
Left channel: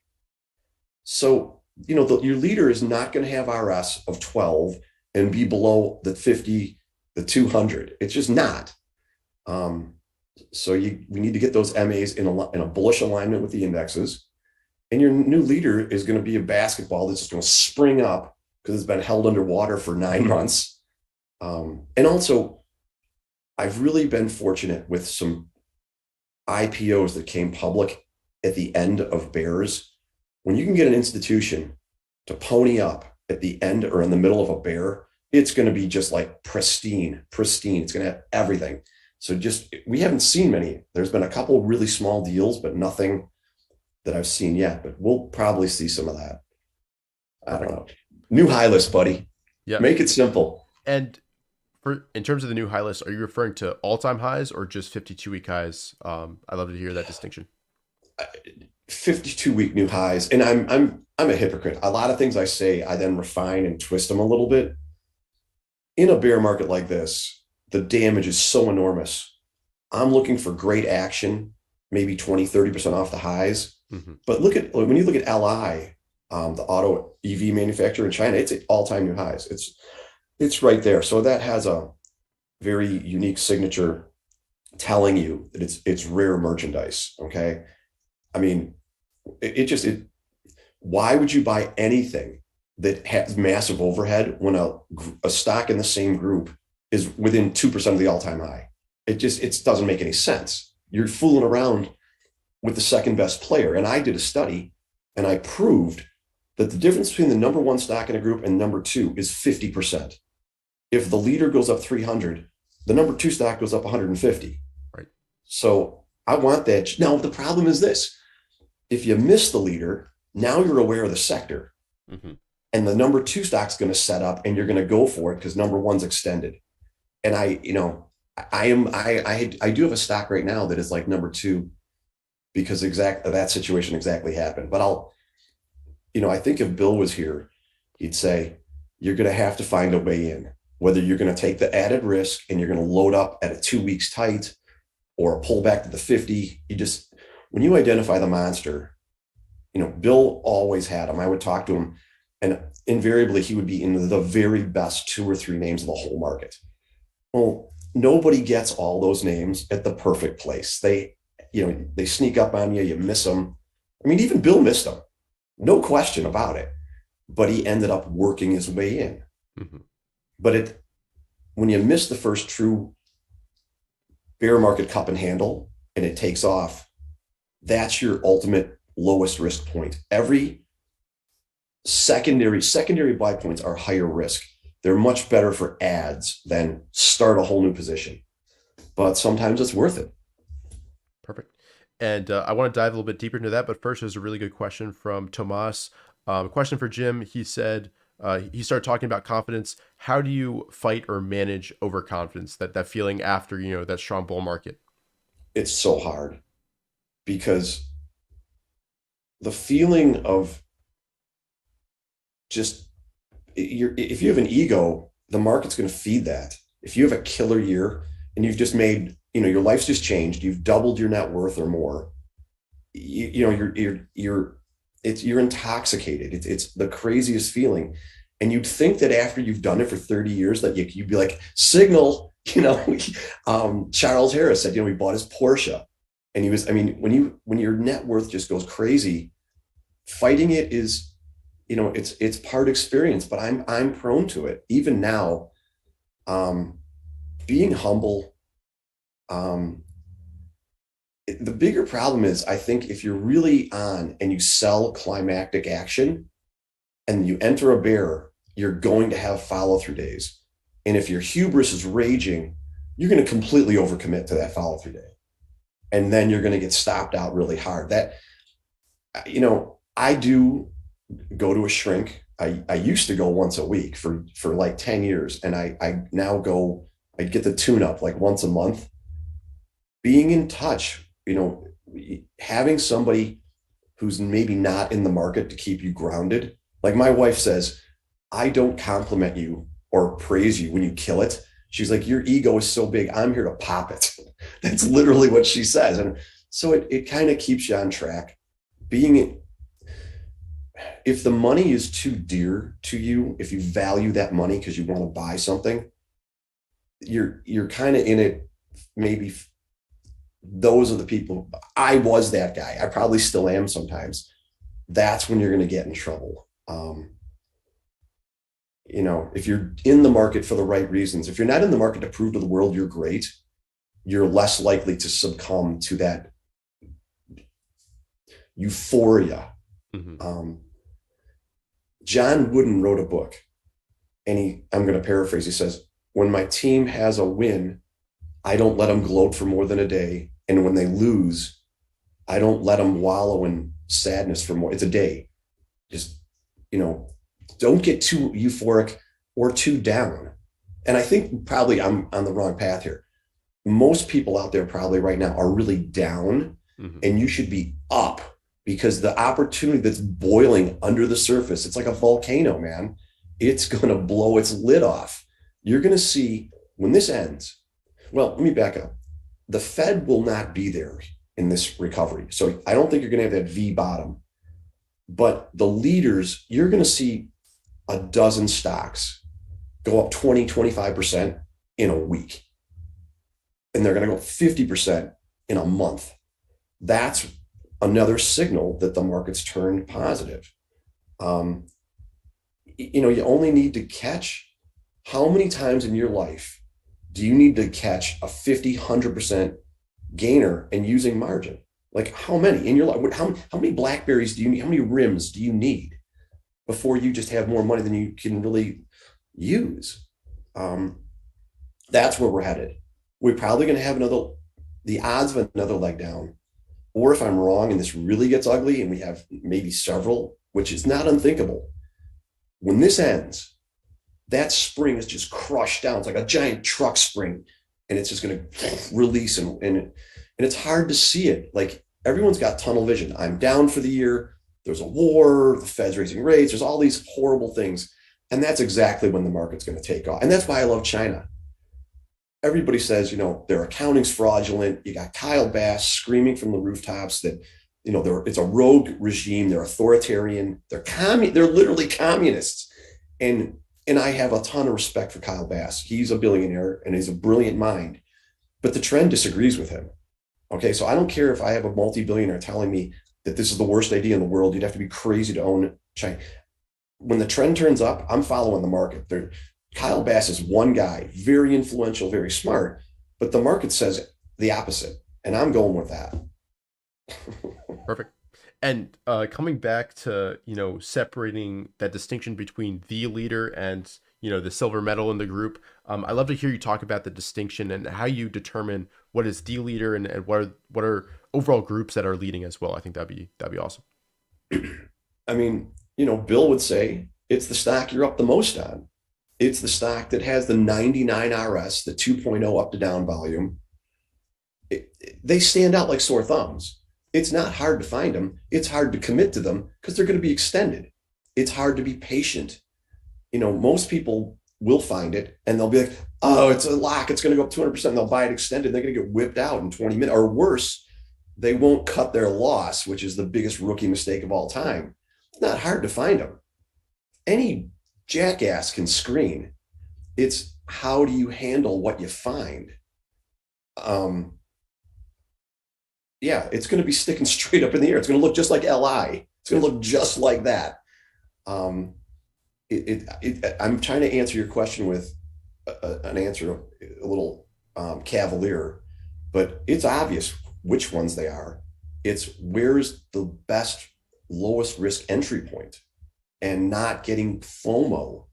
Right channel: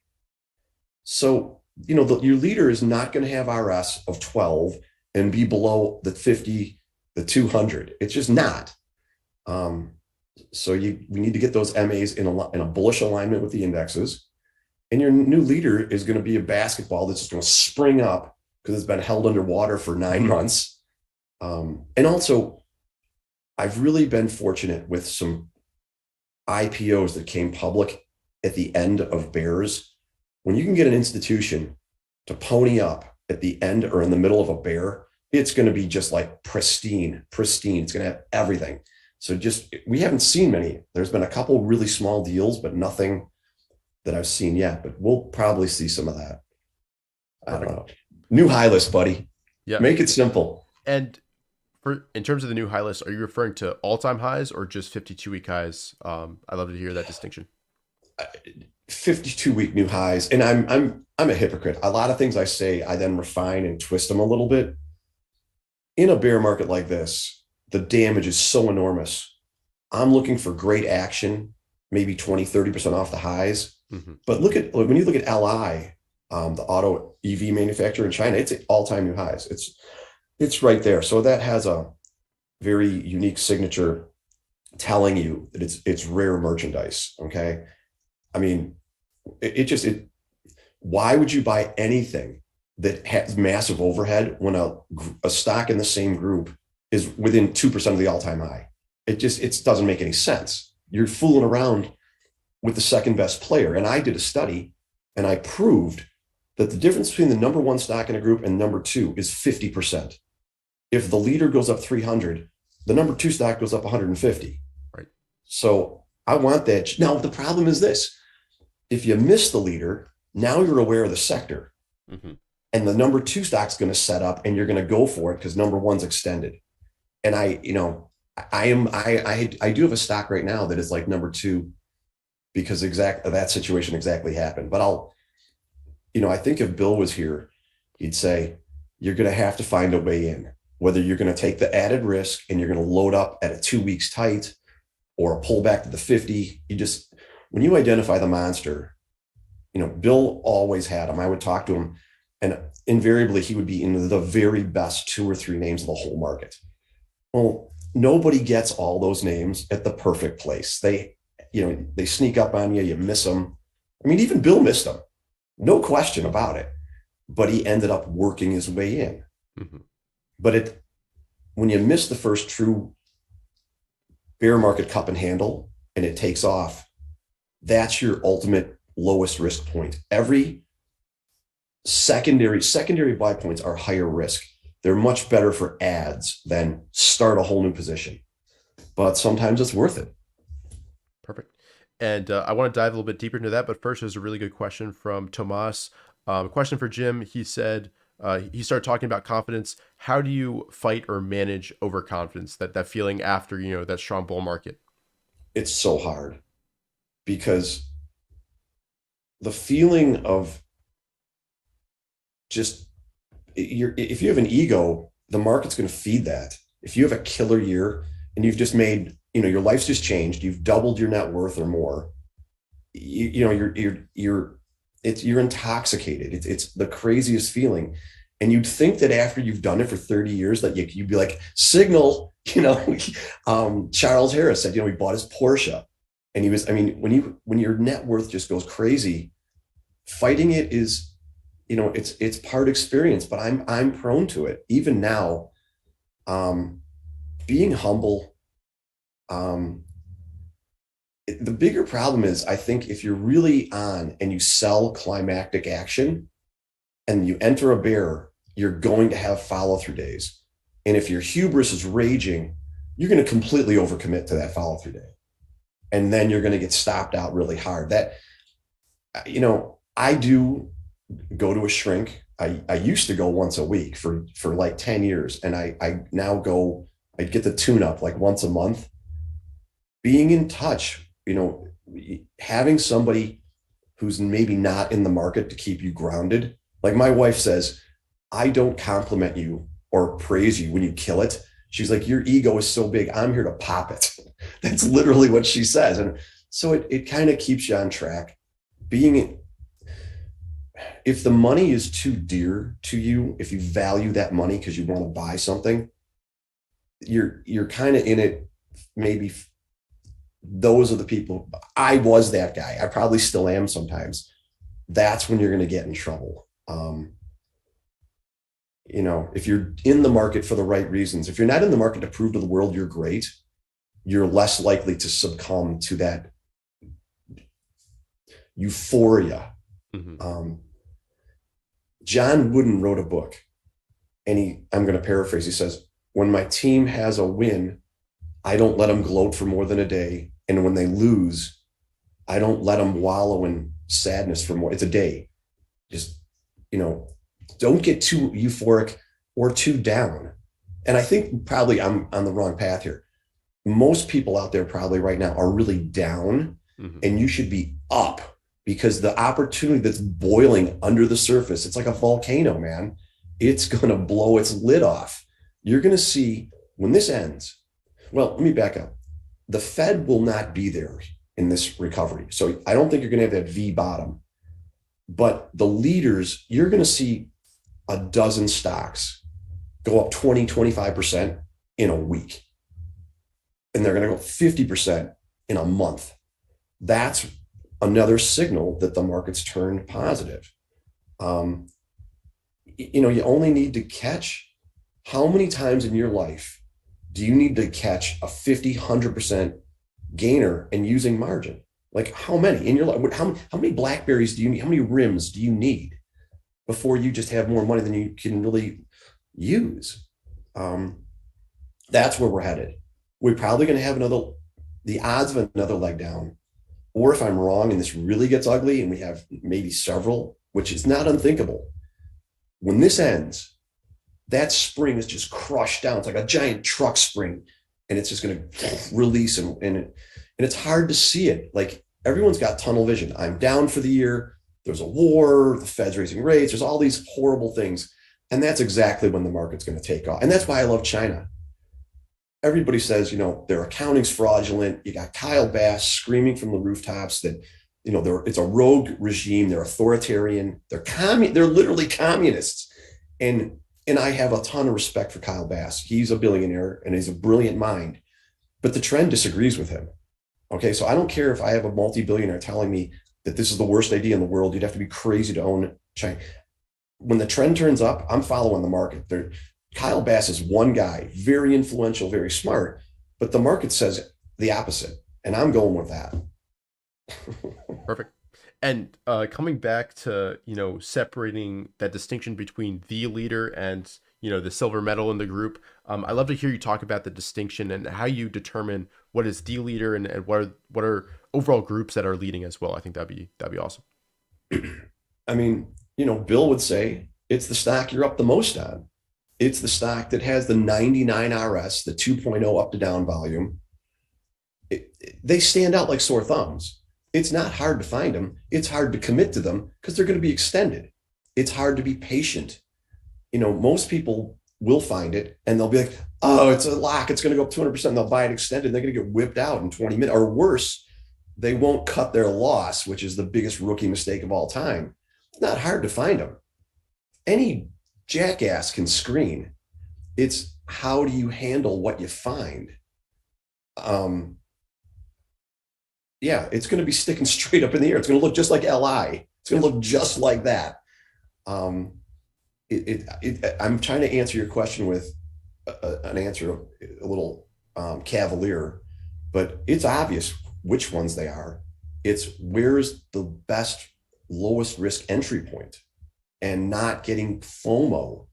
So, your leader is not going to have RS of 12 and be below the 50, the 200. It's just not. So we need to get those MAs in a bullish alignment with the indexes. And your new leader is going to be a basketball that's just going to spring up because it's been held underwater for 9 months. And also, I've really been fortunate with some IPOs that came public at the end of bears. When you can get an institution to pony up at the end or in the middle of a bear, it's going to be just like pristine. It's going to have everything. So we haven't seen many. There's been a couple really small deals, but nothing that I've seen yet. But we'll probably see some of that. I don't know. New high list, buddy. Yeah. Make it simple. And in terms of the new high list, are you referring to all-time highs or just 52-week highs? I'd love to hear that distinction. 52-week new highs. And I'm a hypocrite. A lot of things I say, I then refine and twist them a little bit. In a bear market like this, the damage is so enormous. I'm looking for great action, maybe 20, 30% off the highs. Mm-hmm. But when you look at LI, the auto EV manufacturer in China, it's at all-time new highs. It's right there. So that has a very unique signature telling you that it's rare merchandise. Okay. I mean, why would you buy anything that has massive overhead when a stock in the same group is within 2% of the all-time high? It doesn't make any sense. You're fooling around with the second best player. And I did a study and I proved that the difference between the number one stock in a group and number two is 50%. If the leader goes up 300, the number two stock goes up 150. Right. So I want that. Now, the problem is this. If you miss the leader, now you're aware of the sector. Mm-hmm. And the number two stock's going to set up and you're going to go for it because number one's extended. And I do have a stock right now that is like number two because that situation exactly happened. But I think if Bill was here, he'd say, you're going to have to find a way in, whether you're going to take the added risk and you're going to load up at a 2 weeks tight or a pullback to the 50. When you identify the monster, Bill always had him. I would talk to him and invariably he would be in the very best 2 or 3 names of the whole market. Well, nobody gets all those names at the perfect place. They sneak up on you, you miss them. I mean, even Bill missed them. No question about it. But he ended up working his way in. Mm-hmm. But when you miss the first true bear market cup and handle and it takes off, that's your ultimate lowest risk point. Every secondary buy points are higher risk. They're much better for ads than start a whole new position. But sometimes it's worth it. Perfect. And I want to dive a little bit deeper into that. But first, there's a really good question from Tomas. A question for Jim. He said, he started talking about confidence. How do you fight or manage overconfidence, that feeling after, that strong bull market? It's so hard because the feeling of if you have an ego, the market's going to feed that. if you have a killer year and you've just made, your life's just changed, you've doubled your net worth or more, you're intoxicated. It's the craziest feeling. And you'd think that after you've done it for 30 years that you'd be like, signal, Charles Harris said, he bought his Porsche, and he was, when your net worth just goes crazy, fighting it is, it's part experience, but I'm prone to it even now. Being humble. The bigger problem is, I think if you're really on and you sell climactic action and you enter a bear, you're going to have follow through days. And if your hubris is raging, you're going to completely overcommit to that follow through day. And then you're going to get stopped out really hard. That, I do go to a shrink. I used to go once a week for like 10 years. And I now go, I get the tune up like once a month. Being in touch, having somebody who's maybe not in the market to keep you grounded. Like my wife says, I don't compliment you or praise you when you kill it. She's like, your ego is so big, I'm here to pop it. That's literally what she says. And so it kind of keeps you on track. If the money is too dear to you, if you value that money because you want to buy something, you're kind of in it. Maybe those are the people. I was that guy. I probably still am sometimes. That's when you're going to get in trouble. If you're in the market for the right reasons, if you're not in the market to prove to the world you're great, you're less likely to succumb to that euphoria. Mm-hmm. John Wooden wrote a book, and I'm going to paraphrase. He says, when my team has a win, I don't let them gloat for more than a day. And when they lose, I don't let them wallow in sadness for more. It's a day. Just, don't get too euphoric or too down. And I think probably I'm on the wrong path here. Most people out there probably right now are really down, mm-hmm. and you should be up, because the opportunity that's boiling under the surface, it's like a volcano, man. It's going to blow its lid off. You're going to see when this ends. Well, let me back up. The Fed will not be there in this recovery. So I don't think you're going to have that V bottom. But the leaders, you're going to see a dozen stocks go up 20, 25% in a week. And they're going to go 50% in a month. That's another signal that the market's turned positive. You only need to catch, how many times in your life do you need to catch a 50, 100% gainer and using margin? Like how many in your life? How many Blackberries do you need? How many rims do you need before you just have more money than you can really use? That's where we're headed. We're probably going to have the odds of another leg down. Or if I'm wrong and this really gets ugly and we have maybe several, which is not unthinkable, when this ends, that spring is just crushed down. It's like a giant truck spring, and it's just going to release, and it's hard to see it. Like everyone's got tunnel vision. I'm down for the year. There's a war. The Fed's raising rates. There's all these horrible things. And that's exactly when the market's going to take off. And that's why I love China. Everybody says, their accounting's fraudulent. You got Kyle Bass screaming from the rooftops that, it's a rogue regime. They're authoritarian. They're literally communists. And I have a ton of respect for Kyle Bass. He's a billionaire and he's a brilliant mind, but the trend disagrees with him. Okay. So I don't care if I have a multi-billionaire telling me that this is the worst idea in the world. You'd have to be crazy to own China. When the trend turns up, I'm following the market. Kyle Bass is one guy, very influential, very smart, but the market says the opposite. And I'm going with that. Perfect. And coming back to, separating that distinction between the leader and, the silver medal in the group, I'd love to hear you talk about the distinction and how you determine what is the leader and what are overall groups that are leading as well. I think that'd be awesome. I mean, Bill would say it's the stock you're up the most on. It's the stock that has the 99 RS, the 2.0 up to down volume. They stand out like sore thumbs. It's not hard to find them. It's hard to commit to them because they're going to be extended. It's hard to be patient. Most people will find it and they'll be like, oh, it's a lock. It's going to go up 200%. And they'll buy it extended. They're going to get whipped out in 20 minutes or worse. They won't cut their loss, which is the biggest rookie mistake of all time. It's not hard to find them. Any jackass can screen. It's how do you handle what you find? Yeah, it's going to be sticking straight up in the air. It's going to look just like LI. It's going to look just like that. I'm trying to answer your question with an answer a little cavalier, but it's obvious which ones they are. It's where's the best, lowest risk entry point, and not getting FOMO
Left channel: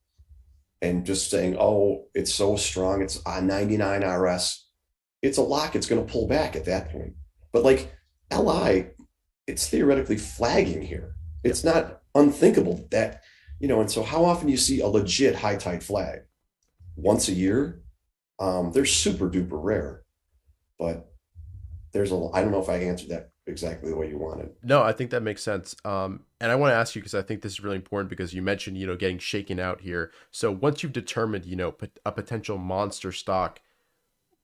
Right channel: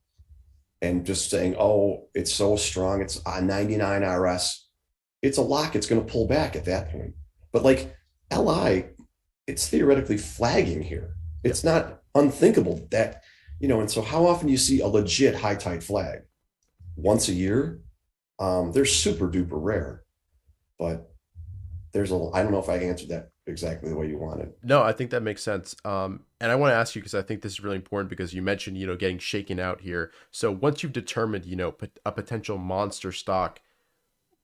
and just saying, oh, it's so strong. It's a 99 RS. It's a lock. It's going to pull back at that point. But like LI, it's theoretically flagging here. It's not unthinkable that, and so how often do you see a legit high tide flag? Once a year? They're super duper rare, but I don't know if I answered that exactly the way you wanted. No, I think that makes sense. And I want to ask you, because I think this is really important, because you mentioned, getting shaken out here. So once you've determined, a potential monster stock,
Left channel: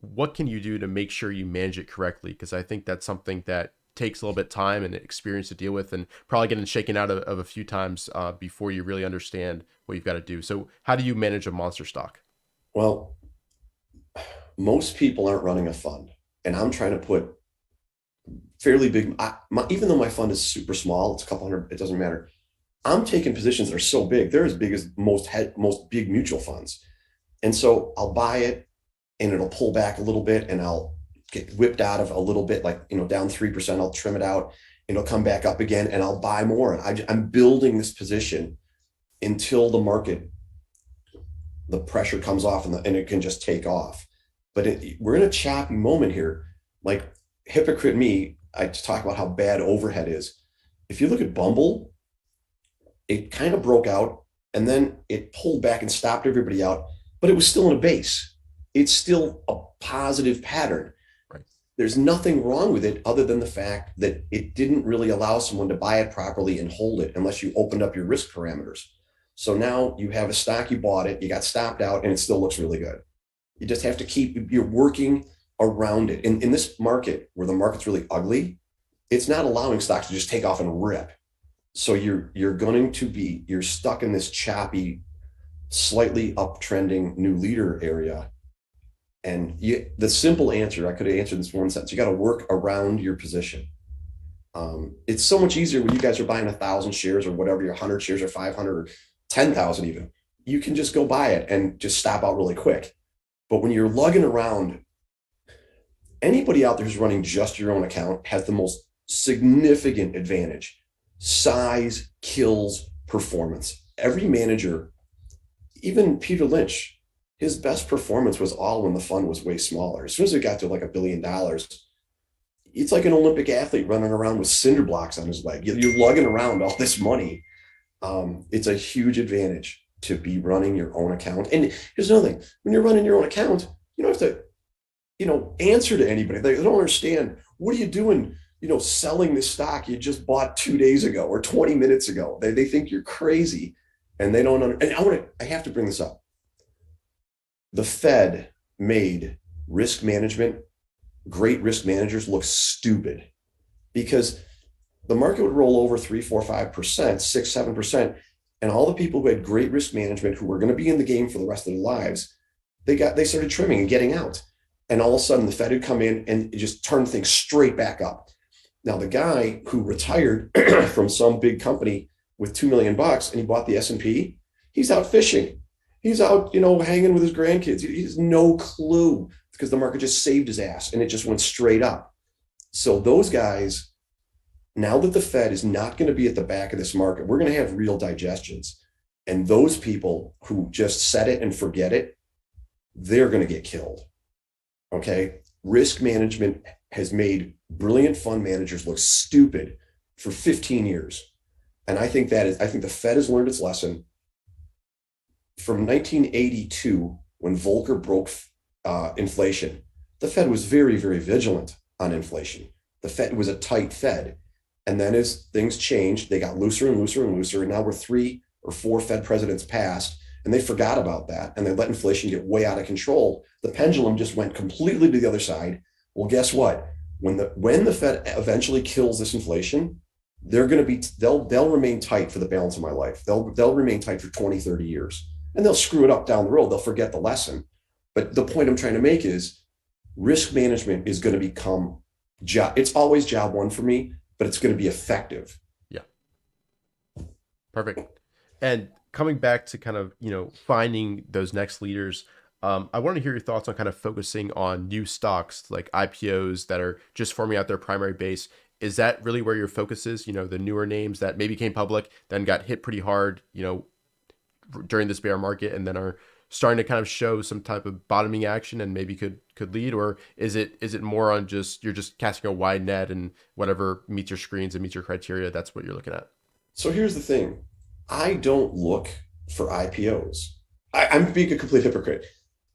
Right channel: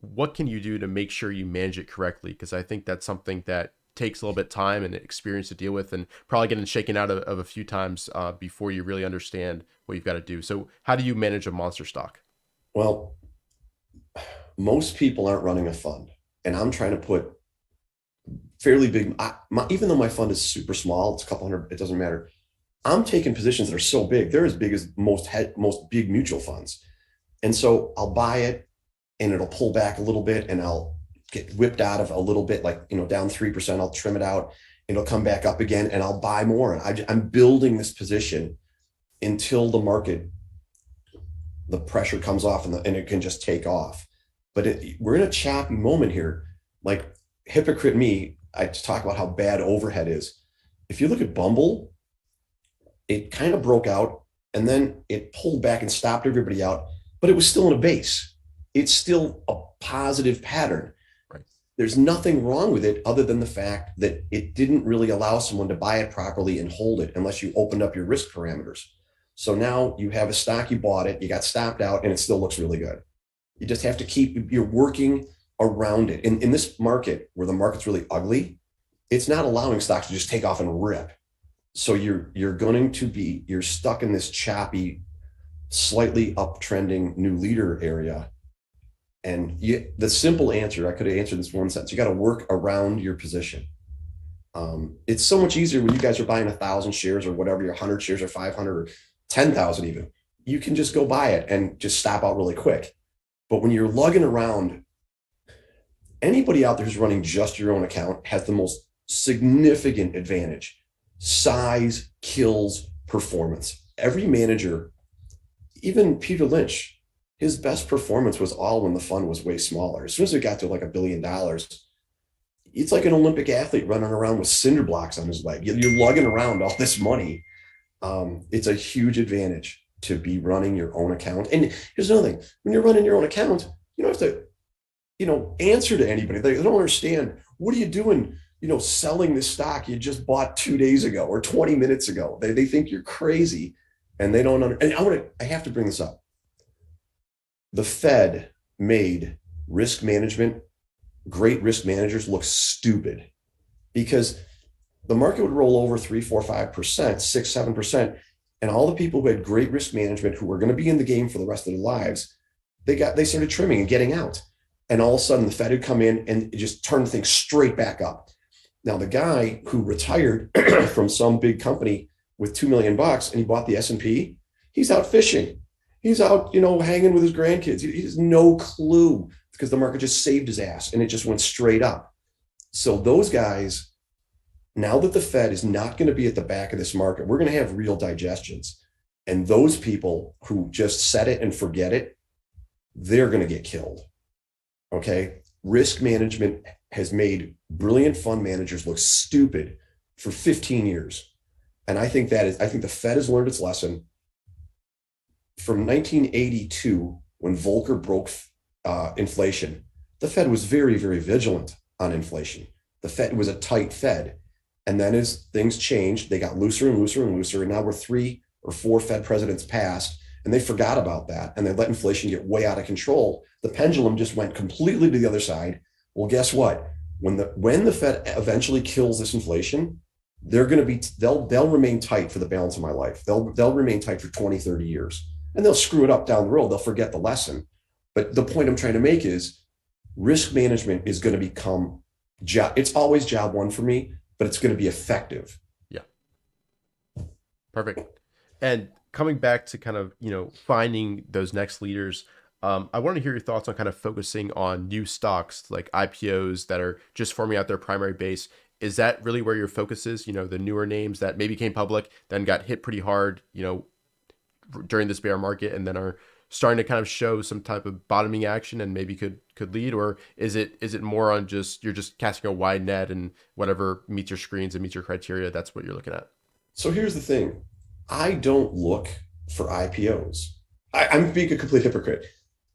what can you do to make sure you manage it correctly? Because I think that's something that takes a little bit of time and experience to deal with, and probably getting shaken out of a few times before you really understand what you've got to do. So how do you manage a monster stock? Well, most people aren't running a fund, and I'm trying to put fairly big, even though my fund is super small, it's a couple hundred, it doesn't matter. I'm taking positions that are so big. They're as big as most big mutual funds. And so I'll buy it and it'll pull back a little bit and I'll get whipped out of a little bit, like, down 3%, I'll trim it out and it'll come back up again and I'll buy more. And I'm building this position until the pressure comes off and it can just take off. But we're in a choppy moment here. Like, hypocrite me, I talk about how bad overhead is. If you look at Bumble, it kind of broke out and then it pulled back and stopped everybody out, but it was still in a base. It's still a positive pattern. Right. There's nothing wrong with it other than the fact that it didn't really allow someone to buy it properly and hold it unless you opened up your risk parameters. So now you have a stock, you bought it, you got stopped out, and it still looks really good. You just have to you're working around it. In this market where the market's really ugly, it's not allowing stocks to just take off and rip. So you're stuck in this choppy, slightly uptrending new leader area. And the simple answer, I could have answered this one sentence, you got to work around your position. It's so much easier when you guys are buying 1,000 shares or whatever, your 100 shares or 500 or 10,000 even. You can just go buy it and just stop out really quick. But when you're lugging around, anybody out there who's running just your own account has the most significant advantage. Size kills performance. Every manager, even Peter Lynch, his best performance was all when the fund was way smaller. As soon as it got to like $1 billion, it's like an Olympic athlete running around with cinder blocks on his leg. You're lugging around all this money. It's a huge advantage to be running your own account. And here's another thing. When you're running your own account, you don't have to, answer to anybody. They don't understand. What are you doing, selling this stock you just bought 2 days ago or 20 minutes ago? They think you're crazy and they don't understand. And I have to bring this up. The Fed made risk management, great risk managers look stupid because the market would roll over 3, 4, 5%, 6, 7%. And all the people who had great risk management, who were going to be in the game for the rest of their lives, they started trimming and getting out. And all of a sudden the Fed had come in and just turned things straight back up. Now, the guy who retired from some big company with $2 million and he bought the S&P, he's out fishing. He's out, hanging with his grandkids. He has no clue because the market just saved his ass and it just went straight up. So those guys, now that the Fed is not going to be at the back of this market, we're going to have real digestions. And those people who just set it and forget it, they're going to get killed. Okay. Risk management has made brilliant fund managers look stupid for 15 years. And I think the Fed has learned its lesson. From 1982, when Volcker broke inflation, the Fed was very, very vigilant on inflation. The Fed was a tight Fed. And then as things changed, they got looser and looser and looser. And now we're 3 or 4 Fed presidents past, and they forgot about that, and they let inflation get way out of control. The pendulum just went completely to the other side. Well, guess what? When the Fed eventually kills this inflation, they'll remain tight for the balance of my life. They'll remain tight for 20, 30 years, and they'll screw it up down the road. They'll forget the lesson. But the point I'm trying to make is risk management is going to become it's always job one for me, but it's going to be effective. Yeah. Perfect. And coming back to kind of, finding those next leaders, I want to hear your thoughts on kind of focusing on new stocks like IPOs that are just forming out their primary base. Is that really where your focus is? The newer names that maybe came public, then got hit pretty hard, during this bear market, and then are starting to kind of show some type of bottoming action and maybe could lead? Or is it more on just, you're just casting a wide net and whatever meets your screens and meets your criteria, that's what you're looking at? So here's the thing. I don't look for IPOs. I'm being a complete hypocrite.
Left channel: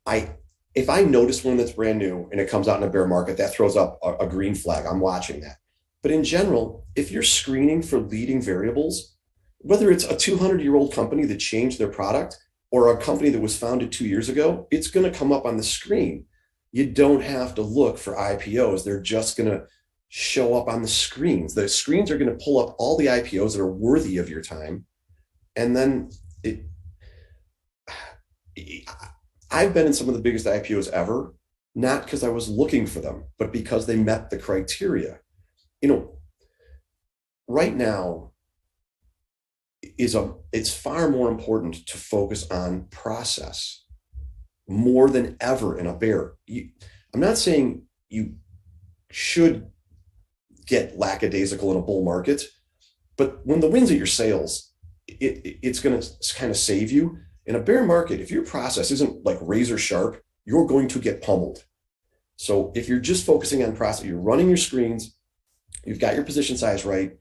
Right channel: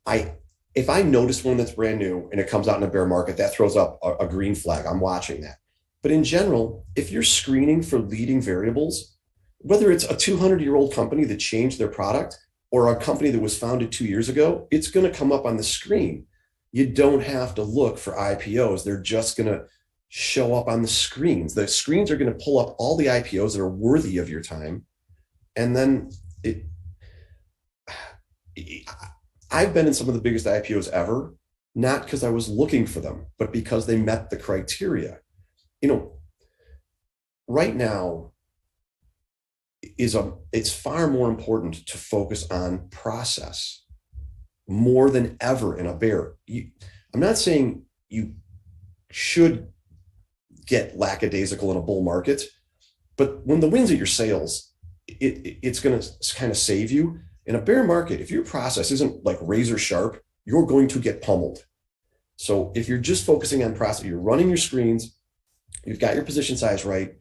If I notice one that's brand new and it comes out in a bear market, that throws up a green flag. I'm watching that. But in general, if you're screening for leading variables, whether it's a 200-year-old company that changed their product or a company that was founded 2 years ago, it's going to come up on the screen. You don't have to look for IPOs. They're just going to show up on the screens. The screens are going to pull up all the IPOs that are worthy of your time. And then I've been in some of the biggest IPOs ever, not because I was looking for them, but because they met the criteria. Right now it's far more important to focus on process more than ever in a bear. I'm not saying you should get lackadaisical in a bull market, but when the wind's at your sails, it's going to kind of save you. In a bear market, if your process isn't like razor sharp, you're going to get pummeled. So if you're just focusing on process, you're running your screens, you've got your position size right,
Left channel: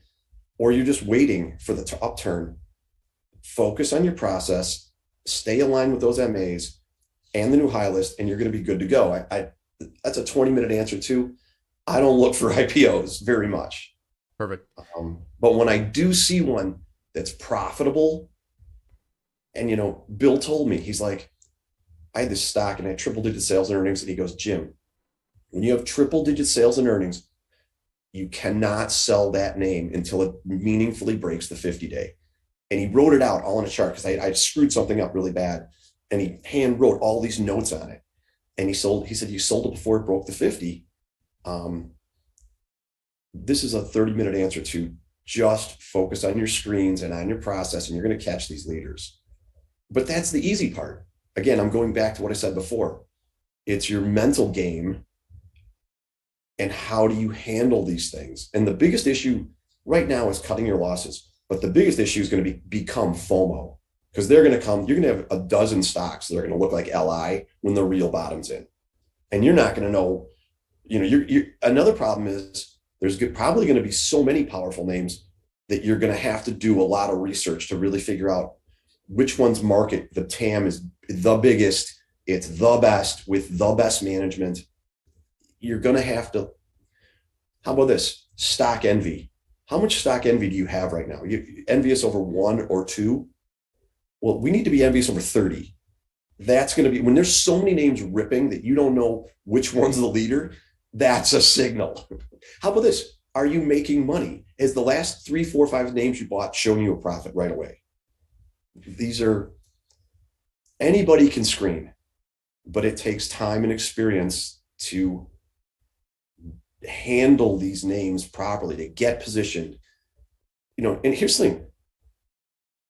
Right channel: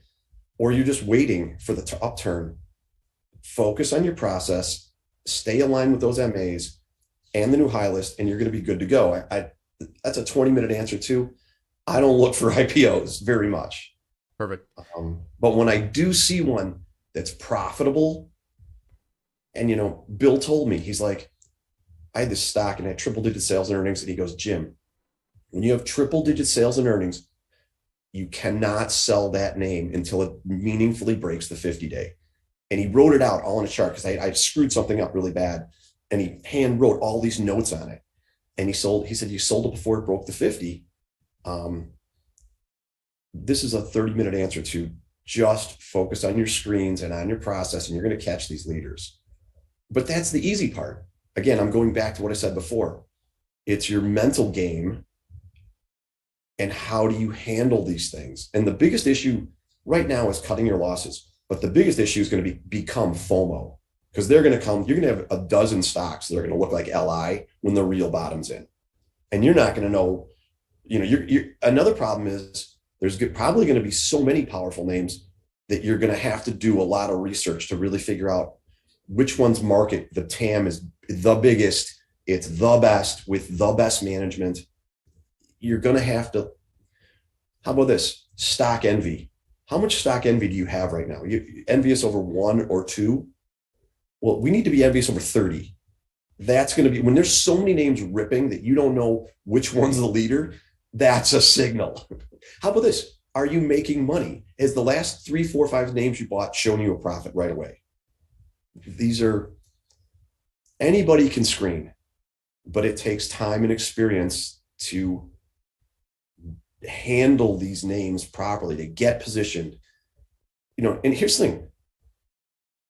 or you're just waiting for the upturn, focus on your process, stay aligned with those MAs and the new high list, and you're going to be good to go. That's a 20-minute answer too. I don't look for IPOs very much. Perfect. But when I do see one that's profitable, and Bill told me, he's like, I had this stock and I had triple-digit sales and earnings, and he goes, Jim, when you have triple-digit sales and earnings, you cannot sell that name until it meaningfully breaks the 50-day. And he wrote it out all on a chart because I screwed something up really bad, and he hand wrote all these notes on it. And he said, you sold it before it broke the 50. This is a 30-minute answer to just focus on your screens and on your process, and you're going to catch these leaders. But that's the easy part. Again, I'm going back to what I said before. It's your mental game and how do you handle these things. And the biggest issue right now is cutting your losses. But the biggest issue is going to become FOMO, because they're going to come, you're going to have a dozen stocks that are going to look like LI when the real bottom's in. And you're not going to know, another problem is there's probably going to be so many powerful names that you're going to have to do a lot of research to really figure out which one's market, the TAM is the biggest, it's the best with the best management. You're going to have to, how about this? Stock envy. How much stock envy do you have right now? You envious over 1 or 2? Well, we need to be envious over 30. That's going to be, when there's so many names ripping that you don't know which one's the leader, that's a signal. How about this? Are you making money? Has the last 3, 4, 5 names you bought shown you a profit right away? Anybody can screen, but it takes time and experience to handle these names properly, to get positioned. And here's the thing.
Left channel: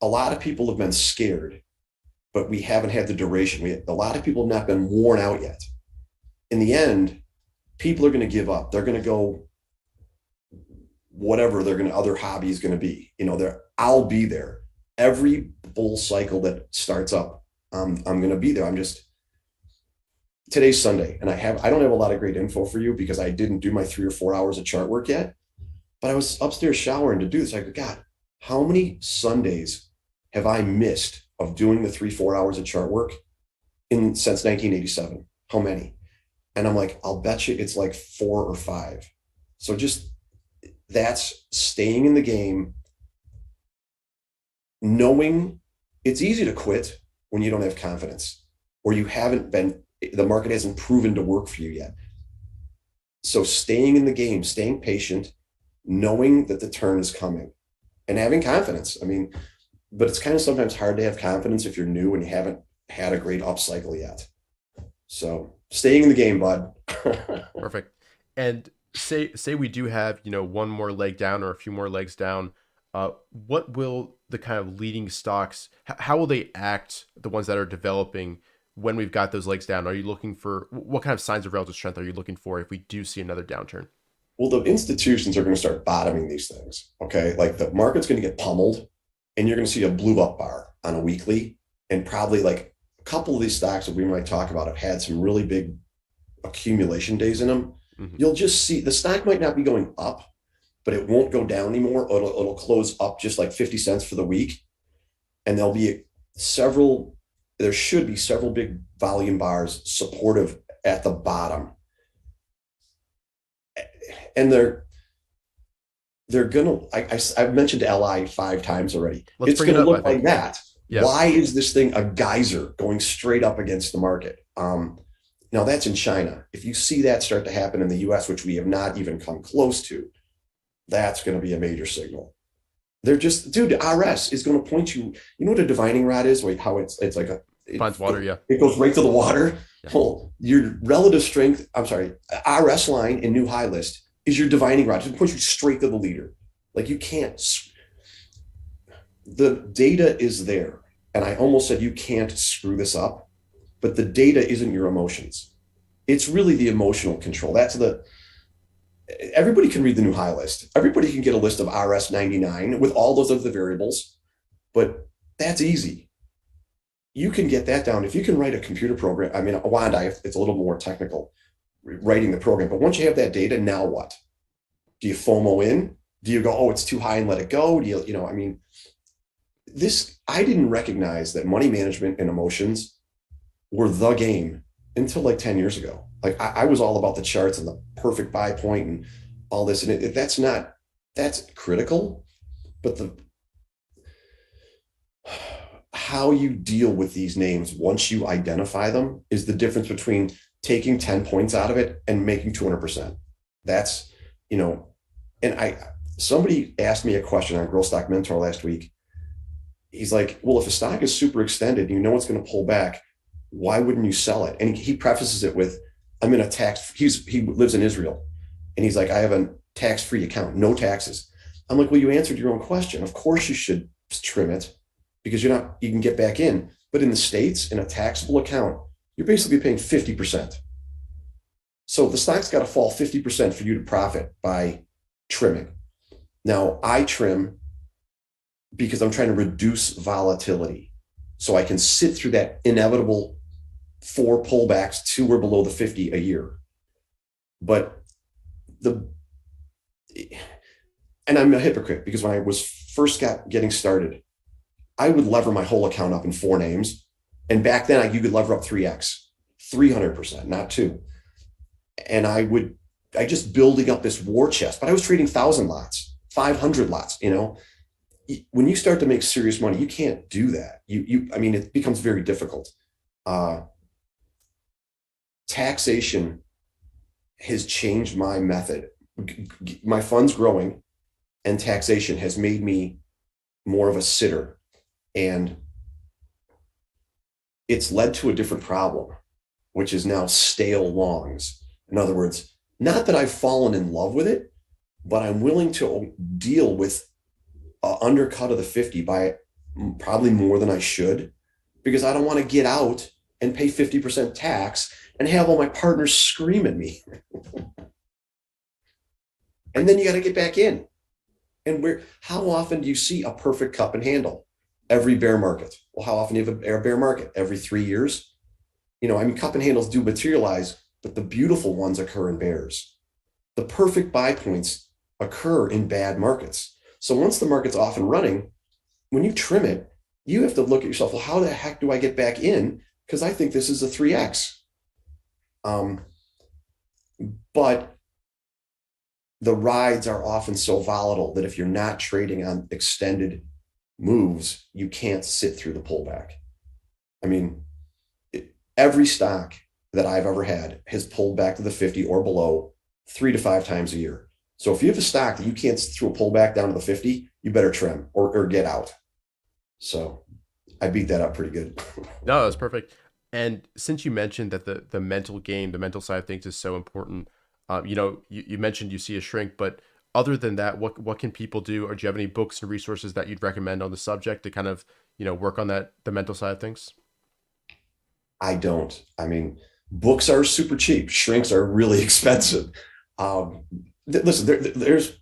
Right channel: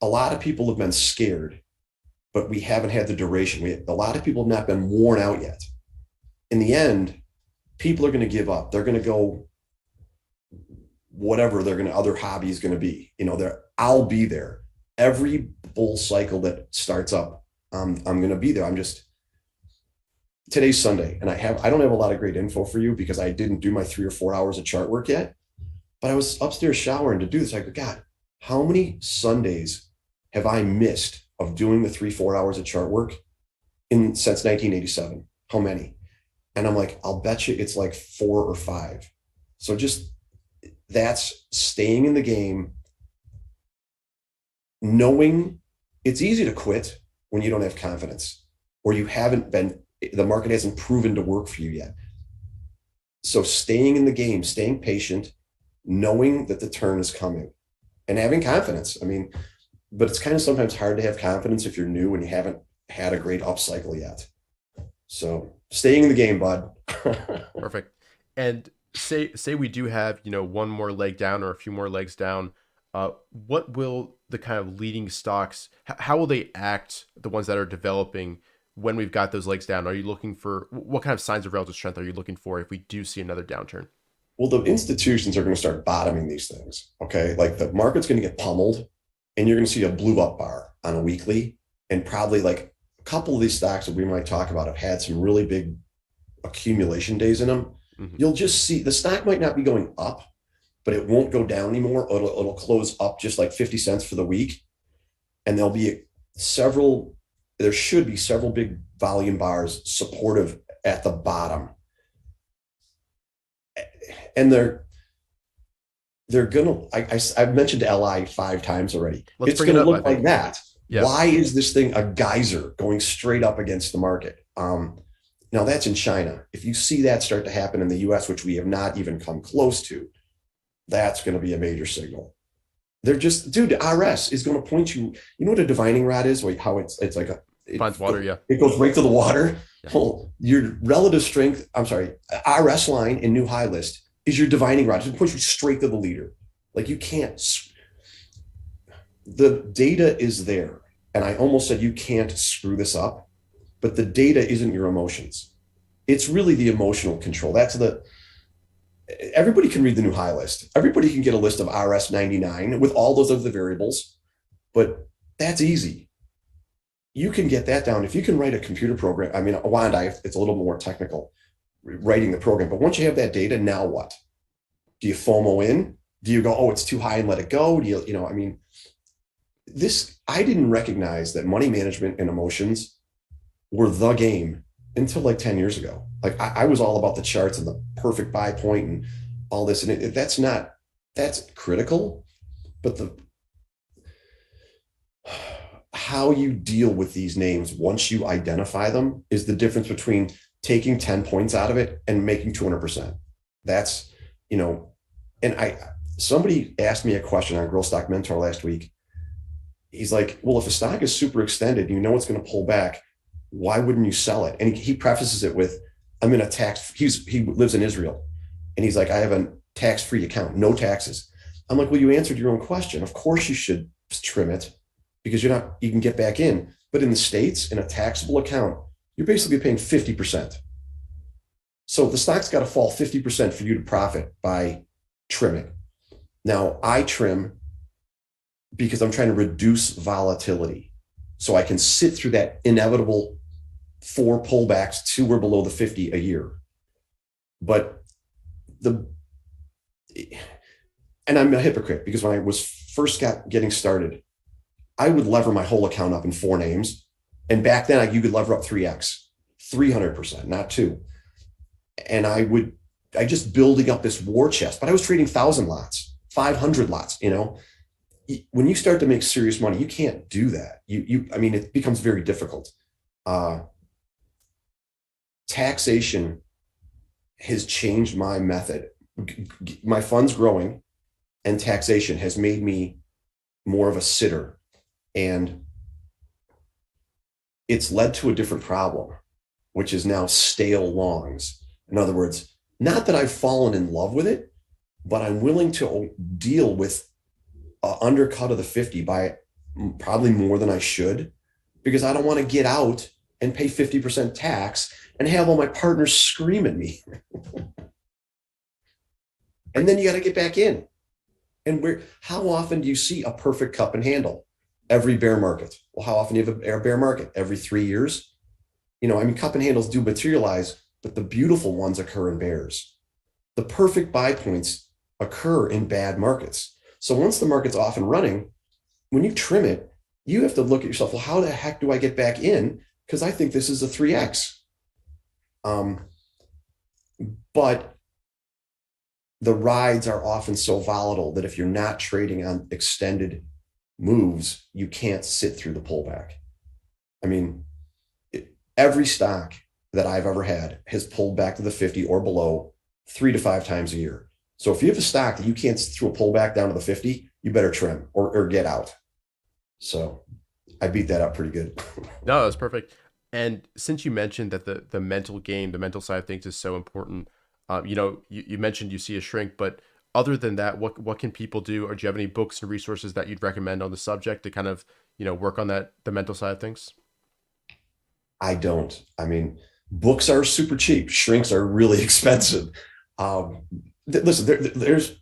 A lot of people have been scared, but we haven't had the duration. A lot of people have not been worn out yet. In the end, people are going to give up. They're going to go whatever other hobby is going to be. I'll be there. Every bull cycle that starts up, I'm going to be there. Today's Sunday, and I don't have a lot of great info for you because I didn't do my 3 or 4 hours of chart work yet, but I was upstairs showering to do this. I go, God, how many Sundays have I missed of doing the 3, 4 hours of chart work since 1987? How many? And I'm like, I'll bet you it's like 4 or 5. So that's staying in the game, knowing it's easy to quit when you don't have confidence, or the market hasn't proven to work for you yet. So staying in the game, staying patient, knowing that the turn is coming, and having confidence. I mean, but it's kind of sometimes hard to have confidence if you're new and you haven't had a great upcycle yet. So staying in the game, bud. Perfect. And say we do have, one more leg down or a few more legs down. What will the kind of leading stocks, how will they act, the ones that are developing when we've got those legs down? Are you looking for, what kind of signs of relative strength are you looking for if we do see another downturn? Well, the institutions are going to start bottoming these things. Okay. Like the market's going to get pummeled, and you're going to see a blue up bar on a weekly, and probably like a couple of these stocks that we might talk about have had some really big accumulation days in them. Mm-hmm. You'll just see the stock might not be going up, but it won't go down anymore. It'll close up just like 50 cents for the week. And there should be several big volume bars supportive at the bottom. And they're gonna, I've mentioned LI 5 times already. Let's bring it up, look like that. Yeah. Why is this thing a geyser going straight up against the market? Now that's in China. If you see that start to happen in the US, which we have not even come close to, that's going to be a major signal. They're just, dude, RS is going to point you, you know what a divining rod is? Like how it's like it finds water. Yeah. It goes right to the water. Yeah. Well, your relative strength, RS line in new high list is your divining rod. It points you straight to the leader. Like you can't, the data is there. And I almost said, you can't screw this up, but the data isn't your emotions. It's really the emotional control. Everybody can read the new high list. Everybody can get a list of RS 99 with all those other variables, but that's easy. You can get that down. If you can write a computer program, Wanda, it's a little more technical, writing the program, but once you have that data, now what? Do you FOMO in? Do you go, oh, it's too high and let it go? Do you, I didn't recognize that money management and emotions were the game until like 10 years ago. Like I was all about the charts and the perfect buy point and all this. And that's critical, but how you deal with these names once you identify them is the difference between taking 10 points out of it and making 200%. That's, and somebody asked me a question on Growth Stock Mentor last week. He's like, well, if a stock is super extended, it's going to pull back, why wouldn't you sell it? And he prefaces it with, I'm in a he lives in Israel. And he's like, I have a tax-free account, no taxes. I'm like, well, you answered your own question. Of course you should trim it because you can get back in. But in the States, in a taxable account, you're basically paying 50%. So the stock's got to fall 50% for you to profit by trimming. Now I trim because I'm trying to reduce volatility so I can sit through that inevitable 4 pullbacks to or below the 50 a year. But and I'm a hypocrite because when I was first getting started, I would lever my whole account up in 4 names. And back then you could lever up 3x, 300%, not 2. And I just building up this war chest, but I was trading 1,000 lots, 500 lots, when you start to make serious money, you can't do that. It becomes very difficult. Taxation has changed my method. My fund's growing, and taxation has made me more of a sitter. And it's led to a different problem, which is now stale longs. In other words, not that I've fallen in love with it, but I'm willing to deal with an undercut of the 50 by probably more than I should, because I don't want to get out and pay 50% tax and have all my partners scream at me. And then you got to get back in. And how often do you see a perfect cup and handle? Every bear market. Well, how often do you have a bear market? Every 3 years? Cup and handles do materialize, but the beautiful ones occur in bears. The perfect buy points occur in bad markets. So once the market's off and running, when you trim it, you have to look at yourself, well, how the heck do I get back in? Because I think this is a 3x. But the rides are often so volatile that if you're not trading on extended moves, you can't sit through the pullback. I mean, every stock that I've ever had has pulled back to the 50 or below 3 to 5 times a year. So if you have a stock that you can't throw a pullback down to the 50, you better trim or get out. So I beat that up pretty good. No, that's perfect. And since you mentioned that the mental game, the mental side of things is so important, you mentioned you see a shrink, but other than that, what can people do, or do you have any books and resources that you'd recommend on the subject to kind of work on the mental side of things? I don't. I mean, books are super cheap. Shrinks are really expensive. Um, Listen, there's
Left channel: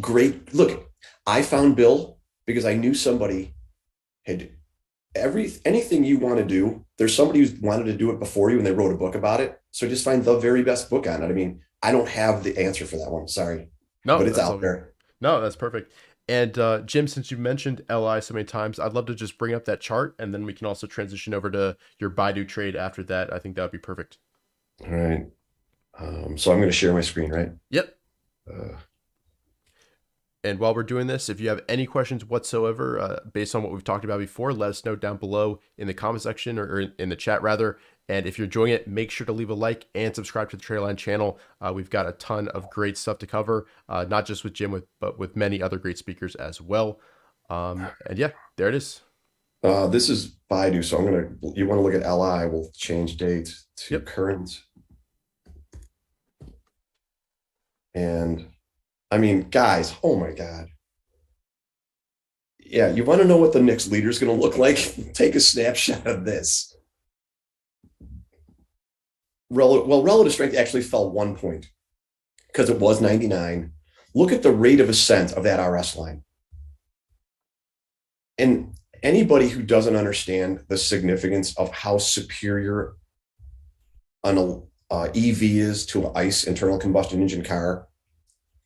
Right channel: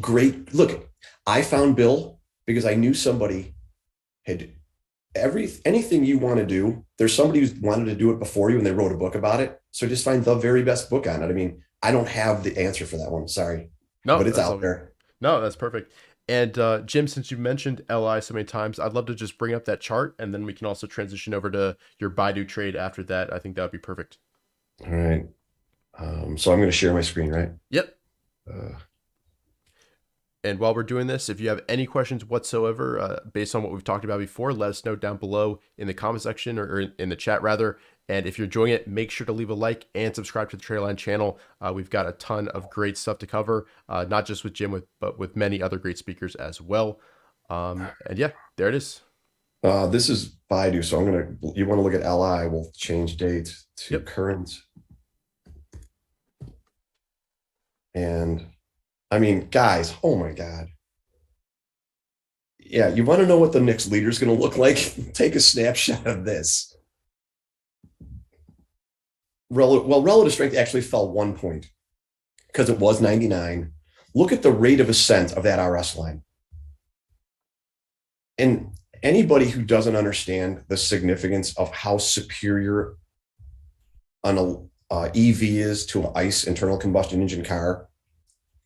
great. Look, I found Bill because I knew somebody had anything you want to do. There's somebody who's wanted to do it before you, and they wrote a book about it. So just find the very best book on it. I mean, I don't have the answer for that one. Sorry, No, but it's that's out all. there. No, that's perfect. And Jim, since you mentioned LI so many times, I'd love to just bring up that chart, and then we can also transition over to your Baidu trade after that. I think that would be perfect. All right. So I'm going to share my screen, right? Yep. Uh, And while we're doing this, if you have any questions whatsoever based on what we've talked about before, let us know down below in the comment section, or in the chat rather. And if you're enjoying it, make sure to leave a like and subscribe to the TraderLion channel. We've got a ton of great stuff to cover, not just with Jim, but with many other great speakers as well. And yeah, there it is. this is Baidu. So you want to look at LI. We'll change date to Yep. current. And I mean, guys, oh my God. Yeah, you want to know what the next leader is going to look like? Take a snapshot of this. Relative strength actually fell 1 point because it was 99. Look at the rate of ascent of that RS line. And anybody who doesn't understand the significance of how superior an EV is to an ICE internal combustion engine car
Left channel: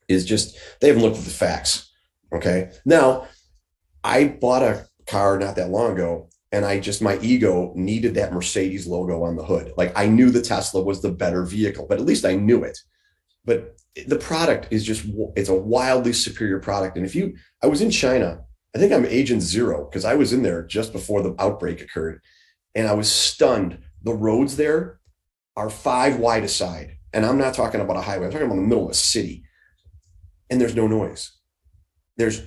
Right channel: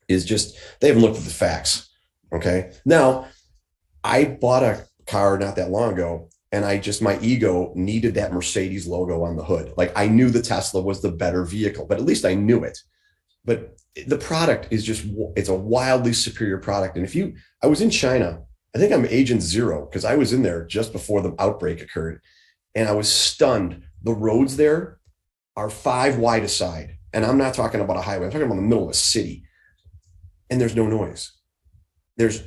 is just, they haven't looked at the facts. Okay. Now, I bought a car not that long ago, and my ego needed that Mercedes logo on the hood. Like, I knew the Tesla was the better vehicle, but at least I knew it. But the product is it's a wildly superior product. And I was in China, I think I'm agent zero because I was in there just before the outbreak occurred. And I was stunned. The roads there are 5 wide aside. And I'm not talking about a highway, I'm talking about the middle of a city. And there's no noise.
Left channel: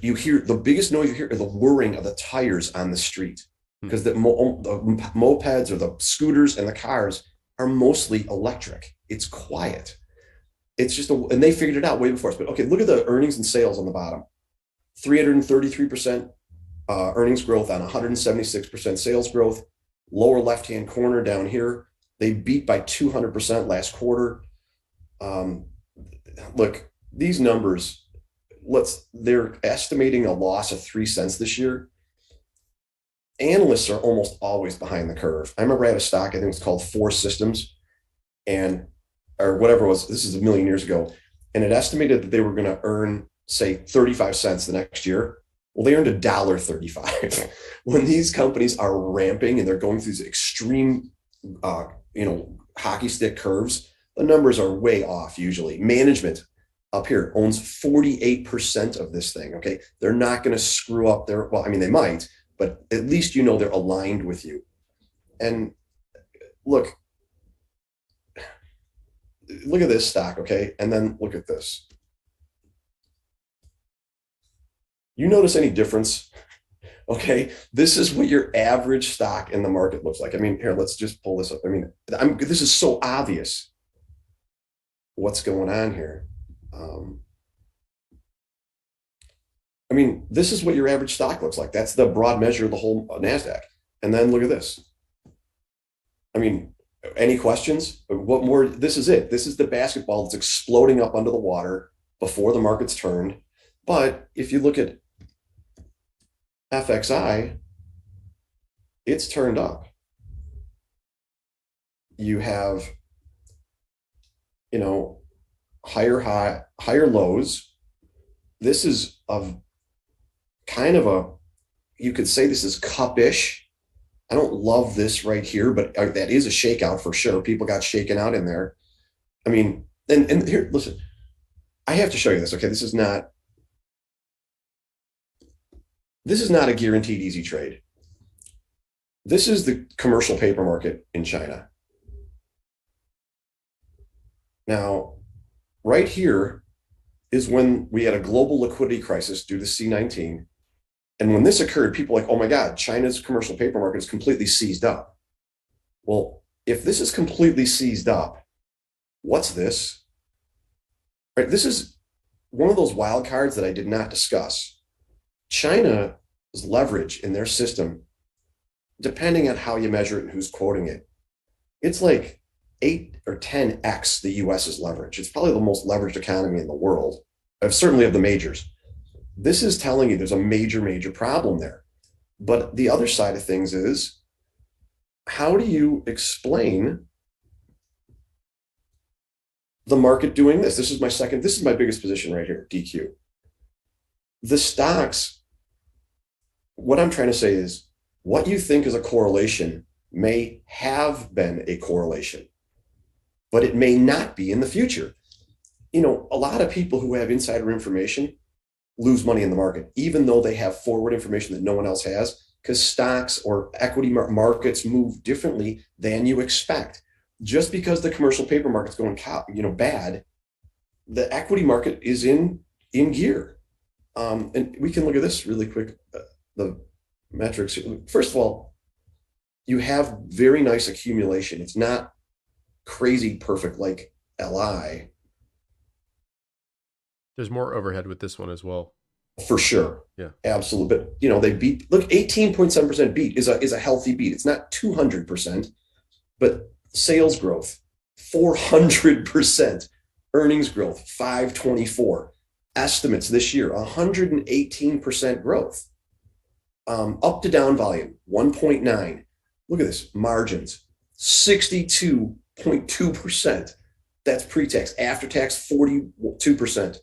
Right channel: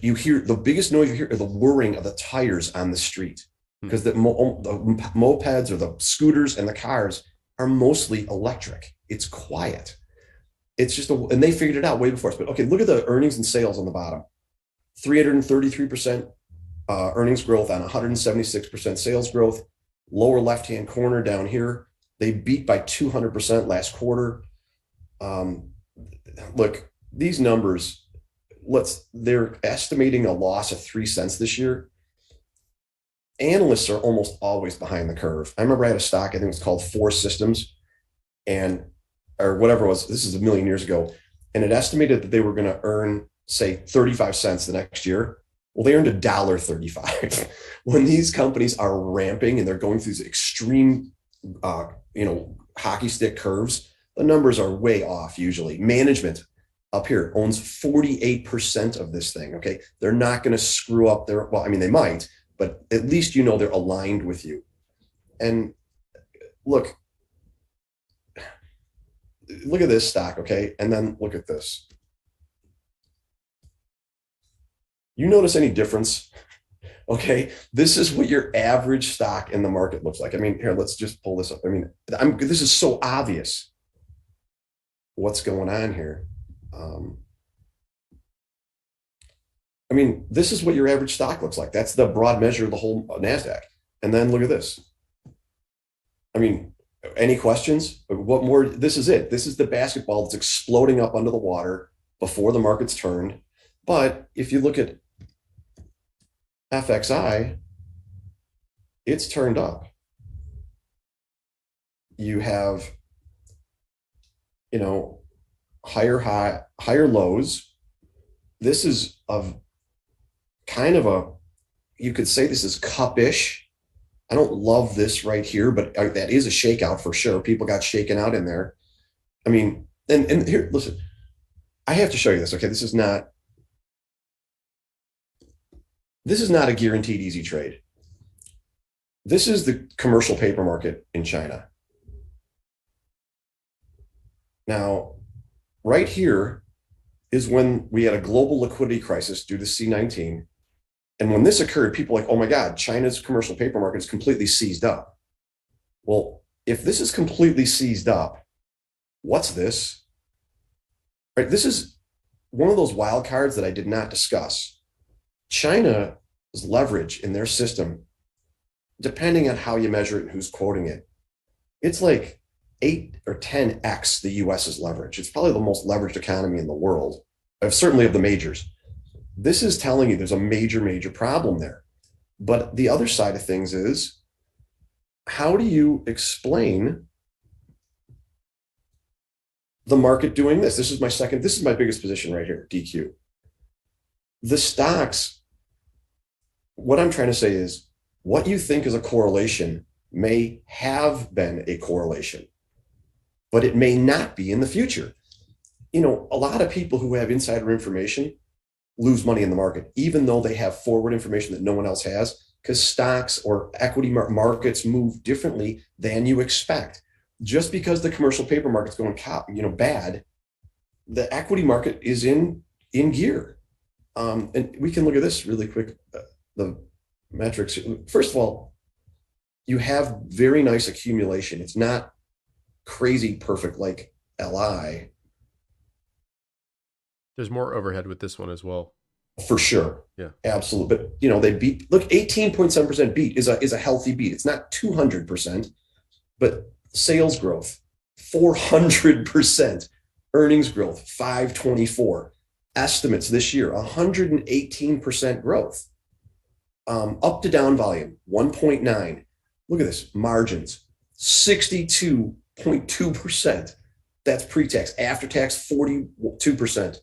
You hear the biggest noise you hear are the whirring of the tires on the street, because the mopeds or the scooters and the cars are mostly electric. It's quiet. It's just and they figured it out way before us. But okay, look at the earnings and sales on the bottom. 333% earnings growth on 176% sales growth. Lower left-hand corner down here, they beat by 200% last quarter. Look, these numbers, they're estimating a loss of 3 cents this year. Analysts are almost always behind the curve. I remember I had a stock, I think it was called Four Systems, or whatever it was. This is a million years ago. And it estimated that they were going to earn, say, 35 cents the next year. Well, they earned $1.35. When these companies are ramping and they're going through these extreme, hockey stick curves, the numbers are way off usually. Management up here owns 48% of this thing. Okay. They're not going to screw up they might, but at least they're aligned with you. And look at this stock, okay? And then look at this. You notice any difference? Okay, this is what your average stock in the market looks like. I mean, here, let's just pull this up. I mean, this is so obvious what's going on here. I mean, this is what your average stock looks like. That's the broad measure of the whole NASDAQ. And then look at this. I mean, any questions? What more? This is it. This is the basketball that's exploding up under the water before the market's turned. But if you look at FXI, it's turned up. You have, higher lows. This is you could say this is cup-ish. I don't love this right here, but that is a shakeout for sure. People got shaken out in there. I mean, and here, listen, I have to show you this. Okay, this is not a guaranteed easy trade. This is the commercial paper market in China. Now, right here is when we had a global liquidity crisis due to C-19. And when this occurred, people were like, oh my God, China's commercial paper market is completely seized up. Well, if this is completely seized up, what's this? Right, this is one of those wild cards that I did not discuss. China's leverage in their system, depending on how you measure it and who's quoting it, it's like 8 or 10x the US's leverage. It's probably the most leveraged economy in the world, certainly of the majors. This is telling you there's a major, major problem there. But the other side of things is, how do you explain the market doing this? This is my biggest position right here, DQ. The stocks, what I'm trying to say is, what you think is a correlation may have been a correlation, but it may not be in the future. You know, a lot of people who have insider information lose money in the market, even though they have forward information that no one else has, because stocks or equity markets move differently than you expect. Just because the commercial paper market's going bad, the equity market is in gear. And we can look at this really quick, the metrics. First of all, you have very nice accumulation. It's not crazy perfect like LI. There's more overhead with this one as well. For sure. Yeah. Absolutely. But, you know, they beat, look, 18.7% beat is a healthy beat. It's not 200%, but sales growth, 400%, earnings growth, 524, estimates this year, 118% growth, up to down volume, 1.9. Look at this, margins, 62.2%. That's pre-tax, after tax, 42%.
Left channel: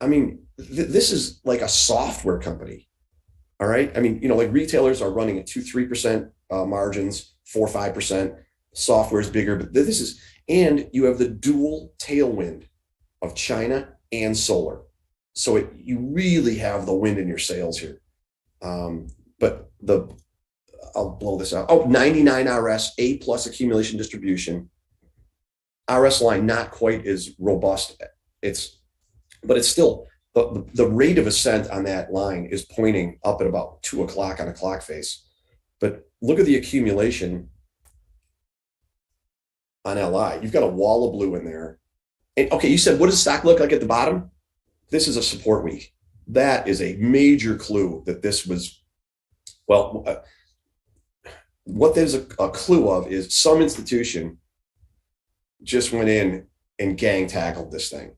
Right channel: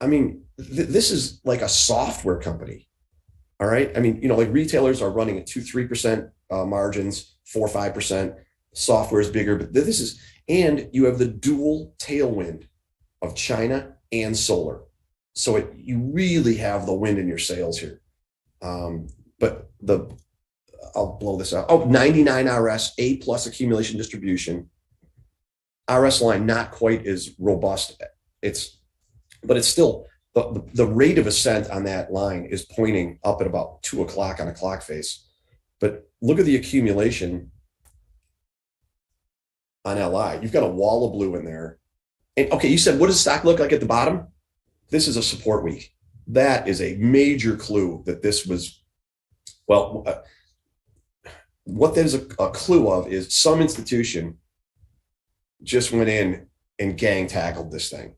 I mean, this is like a software company. All right. I mean, you know, like retailers are running at 2-3% margins, 4-5%. Software is bigger, but this is, and you have the dual tailwind of China and solar. So you really have the wind in your sails here. But I'll blow this out. Oh, 99 RS, A+ accumulation distribution. RS line not quite as robust. But it's still, the rate of ascent on that line is pointing up at about 2 o'clock on a clock face. But look at the accumulation on LI. You've got a wall of blue in there. And okay, you said, what does stock look like at the bottom? This is a support week. That is a major clue that this was, well, what there's a clue of is some institution just went in and gang tackled this thing.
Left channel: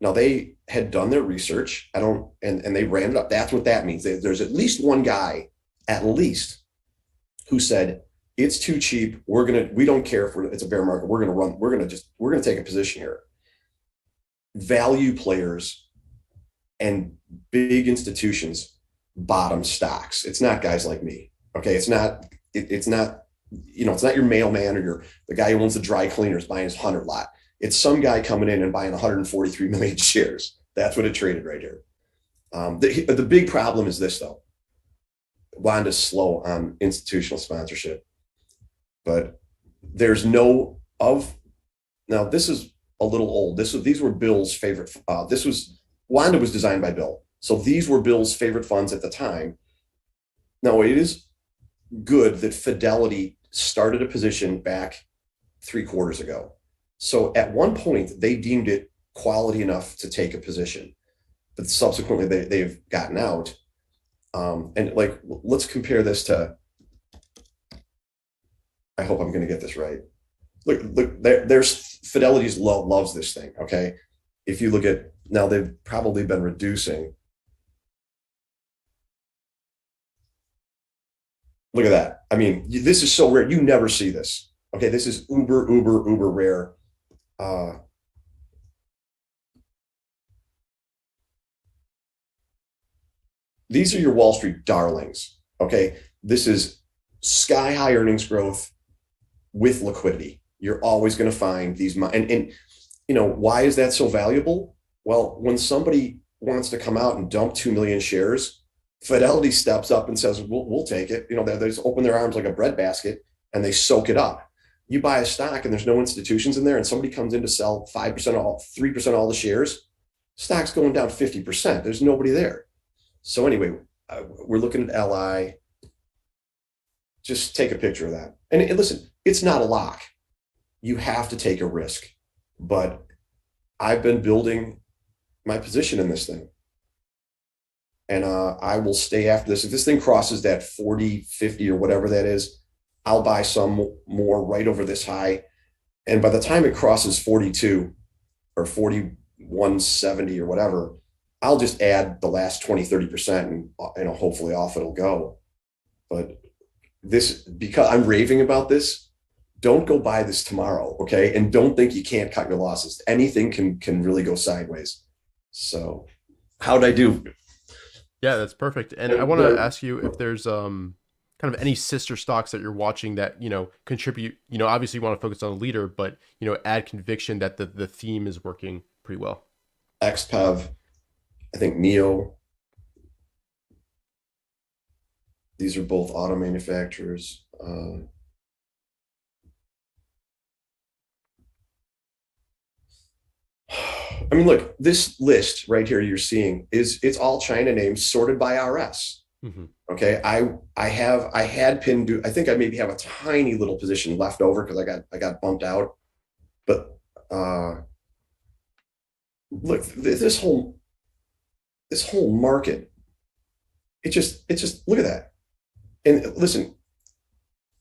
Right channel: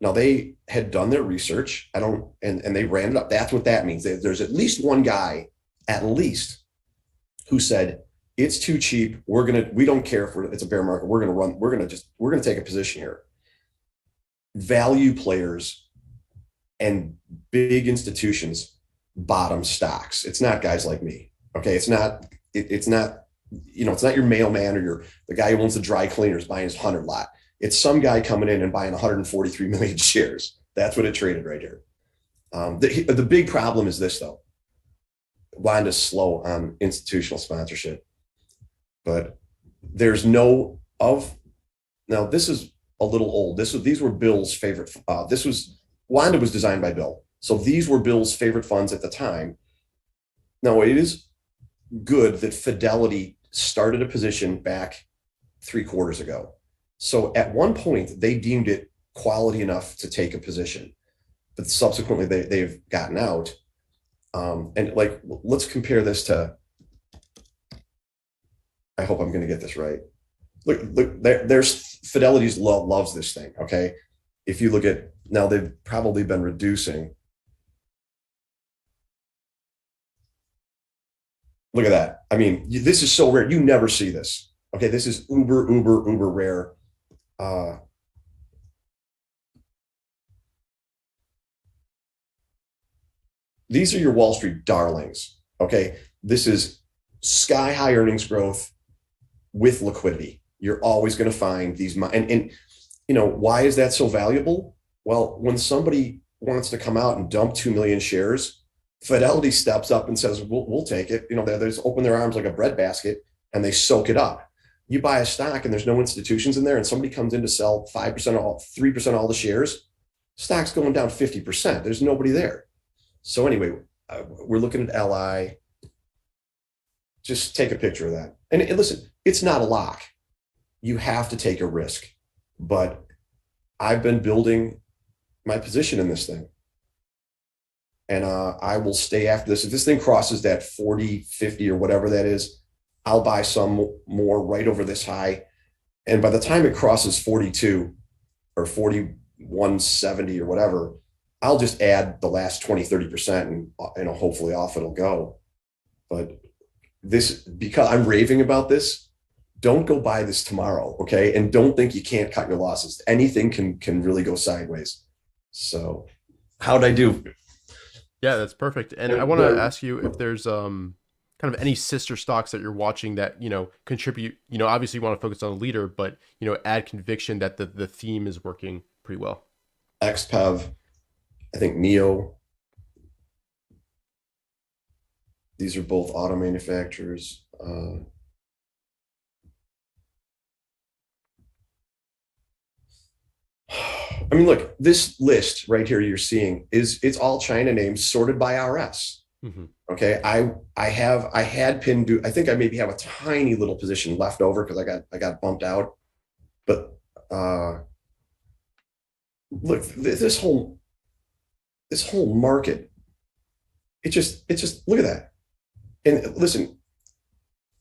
Now, they had done their research. And they ran it up. That's what that means. There's at least one guy, at least, who said, it's too cheap. We don't care if it's a bear market. We're going to take a position here. Value players and big institutions bottom stocks. It's not guys like me. Okay. It's not, you know, it's not your mailman or the guy who owns the dry cleaners buying his 100 lot. It's some guy coming in and buying 143 million shares. That's what it traded right here. The big problem is this, though. Wanda's slow on institutional sponsorship, but there's now this is a little old. These were Bill's favorite. Wanda was designed by Bill. So these were Bill's favorite funds at the time. Now, it is good that Fidelity started a position back 3 quarters ago. So at one point, they deemed it quality enough to take a position, but subsequently they've gotten out. And like, let's compare this to, I hope I'm going to get this right. Look, there's Fidelity's loves this thing. Okay. If you look at, now they've probably been reducing. Look at that. I mean, this is so rare. You never see this. Okay. This is uber rare. These are your Wall Street darlings. Okay. This is sky high earnings growth with liquidity. You're always going to find these, and you know, why is that so valuable? Well, when somebody wants to come out and dump 2 million shares Fidelity steps up and says, we'll take it. You know, they just open their arms like a breadbasket and they soak it up. You buy a stock and there's no institutions in there, and somebody comes in to sell 5% all, 3% all the shares, stock's going down 50%. There's nobody there. So anyway, we're looking at LI. Just take a picture of that. And listen, it's not a lock. You have to take a risk. But I've been building my position in this thing. And I will stay after this. If this thing crosses that 40, 50 or whatever that is, I'll buy some more right over this high. And by the time it crosses 42 or 41.70 or whatever, I'll just add the last 20, 30% and, you know, hopefully off it'll go. But this, because I'm raving about this, don't go buy this tomorrow, okay? And don't think you can't cut your losses. Anything can really go sideways. So how'd I do? Yeah, that's perfect. And I want to ask you if there's kind of any sister stocks that you're watching that, you know, contribute, you know, obviously you want to focus on the leader, but, you know, add conviction that the theme is working pretty well. XPEV, I think NEO. These are both auto manufacturers. I mean, look, this list right here you're seeing it's all China names sorted by RS. Mm-hmm. Okay. I had pinned, I think I maybe have a tiny little position left over because I got bumped out. But look, this whole market, it's just look at that. And listen,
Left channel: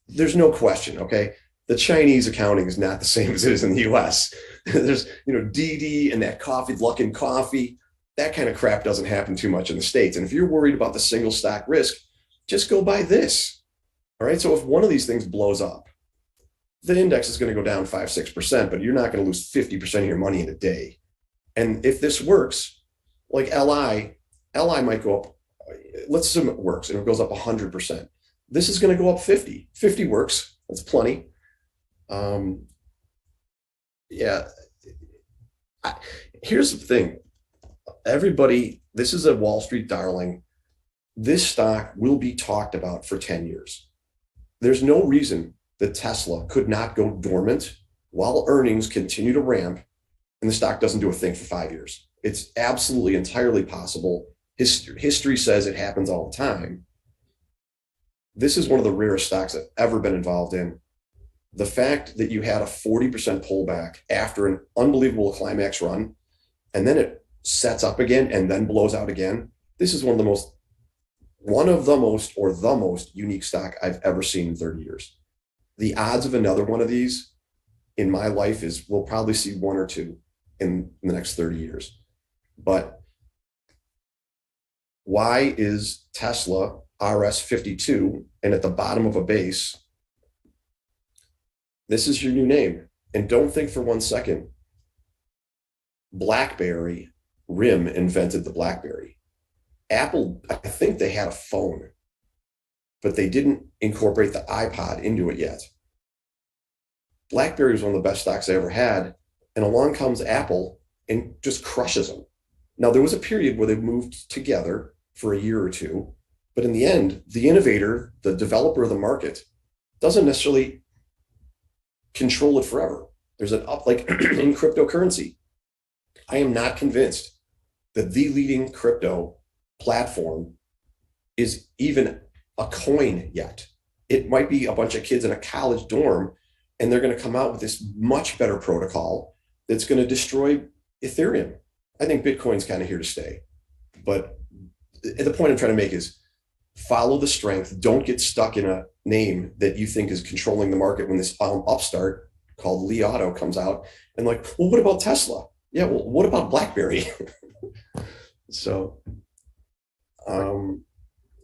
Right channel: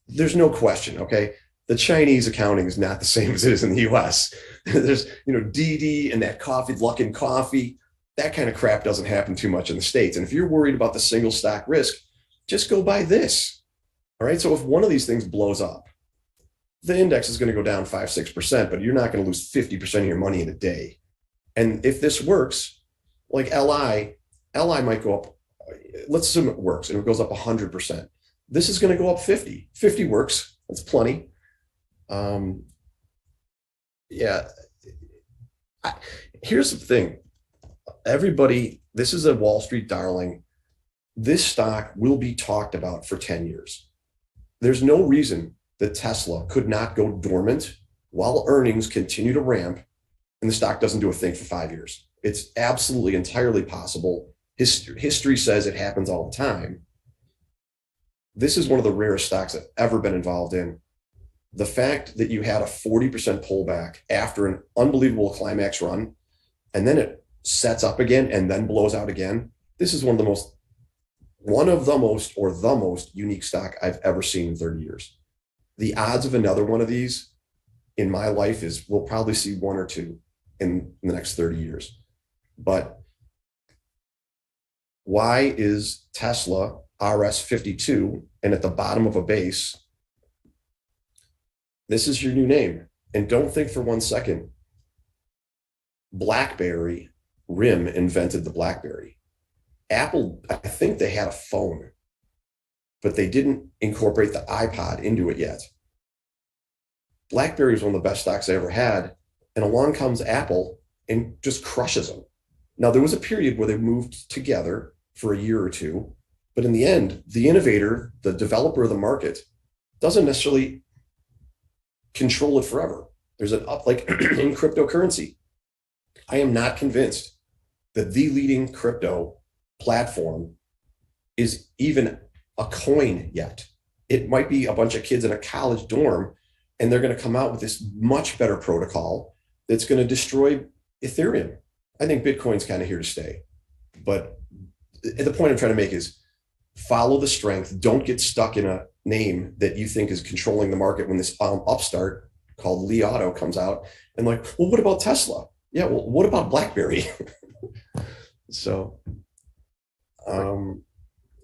there's no question, okay? The Chinese accounting is not the same as it is in the US. There's, you know, DD and that coffee, Luckin Coffee, that kind of crap doesn't happen too much in the States. And if you're worried about the single stock risk, just go buy this. All right. So if one of these things blows up, the index is going to go down 5-6%, but you're not going to lose 50% of your money in a day. And if this works, like LI might go up. Let's assume it works and it goes up 100%. This is going to go up 50. 50 works. That's plenty. Yeah. Here's the thing. Everybody, this is a Wall Street darling. This stock will be talked about for 10 years. There's no reason that Tesla could not go dormant while earnings continue to ramp and the stock doesn't do a thing for 5 years. It's absolutely entirely possible. History says it happens all the time. This is one of the rarest stocks I've ever been involved in. The fact that you had a 40% pullback after an unbelievable climax run, and then it sets up again and then blows out again. This is one of the most unique stock I've ever seen in 30 years. The odds of another one of these in my life is we'll probably see one or two in the next 30 years. But why is Tesla RS52 and at the bottom of a base? This is your new name. And don't think for 1 second, BlackBerry, RIM invented the BlackBerry. Apple, I think they had a phone, but they didn't incorporate the iPod into it yet. BlackBerry was one of the best stocks I ever had. And along comes Apple and just crushes them. Now, there was a period where they moved together for a year or two, but in the end, the innovator, the developer of the market, doesn't necessarily control it forever. There's an up, like in cryptocurrency. I am not convinced that the leading crypto platform is even a coin yet. It might be a bunch of kids in a college dorm, and they're going to come out with this much better protocol that's going to destroy Ethereum. I think Bitcoin's kind of here to stay. But the point I'm trying to make is follow the strength. Don't get stuck in a name that you think is controlling the market when this upstart called Li Auto comes out and like, well, what about Tesla? Yeah, well, what about BlackBerry? So,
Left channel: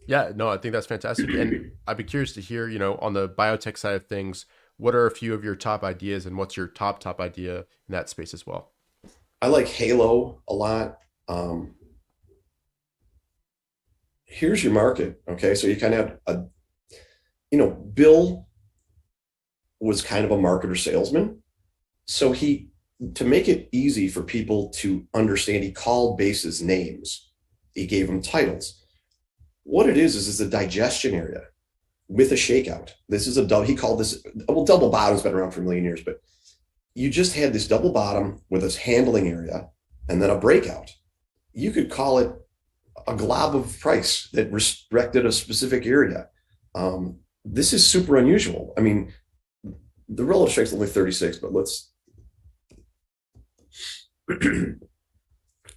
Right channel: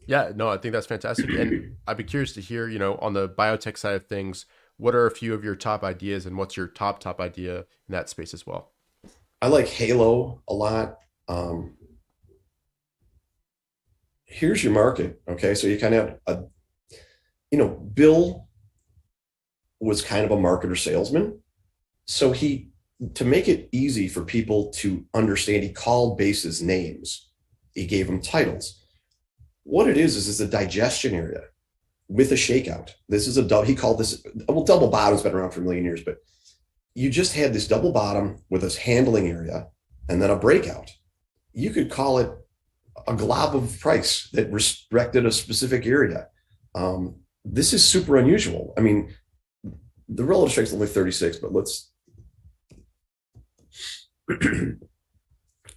yeah, no, I think that's fantastic. And I'd be curious to hear, you know, on the biotech side of things, what are a few of your top ideas and what's your top idea in that space as well? I like Halo a lot. Here's your market. Okay. So you kind of have Bill was kind of a marketer salesman. So to make it easy for people to understand, he called bases names. He gave them titles. what it is a digestion area with a shakeout. This is he called this, well, double bottom's been around for a million years, but you just had this double bottom with this handling area and then a breakout. You could call it a glob of price that respected a specific area. This is super unusual. I mean, the relative strength is only 36, but let's,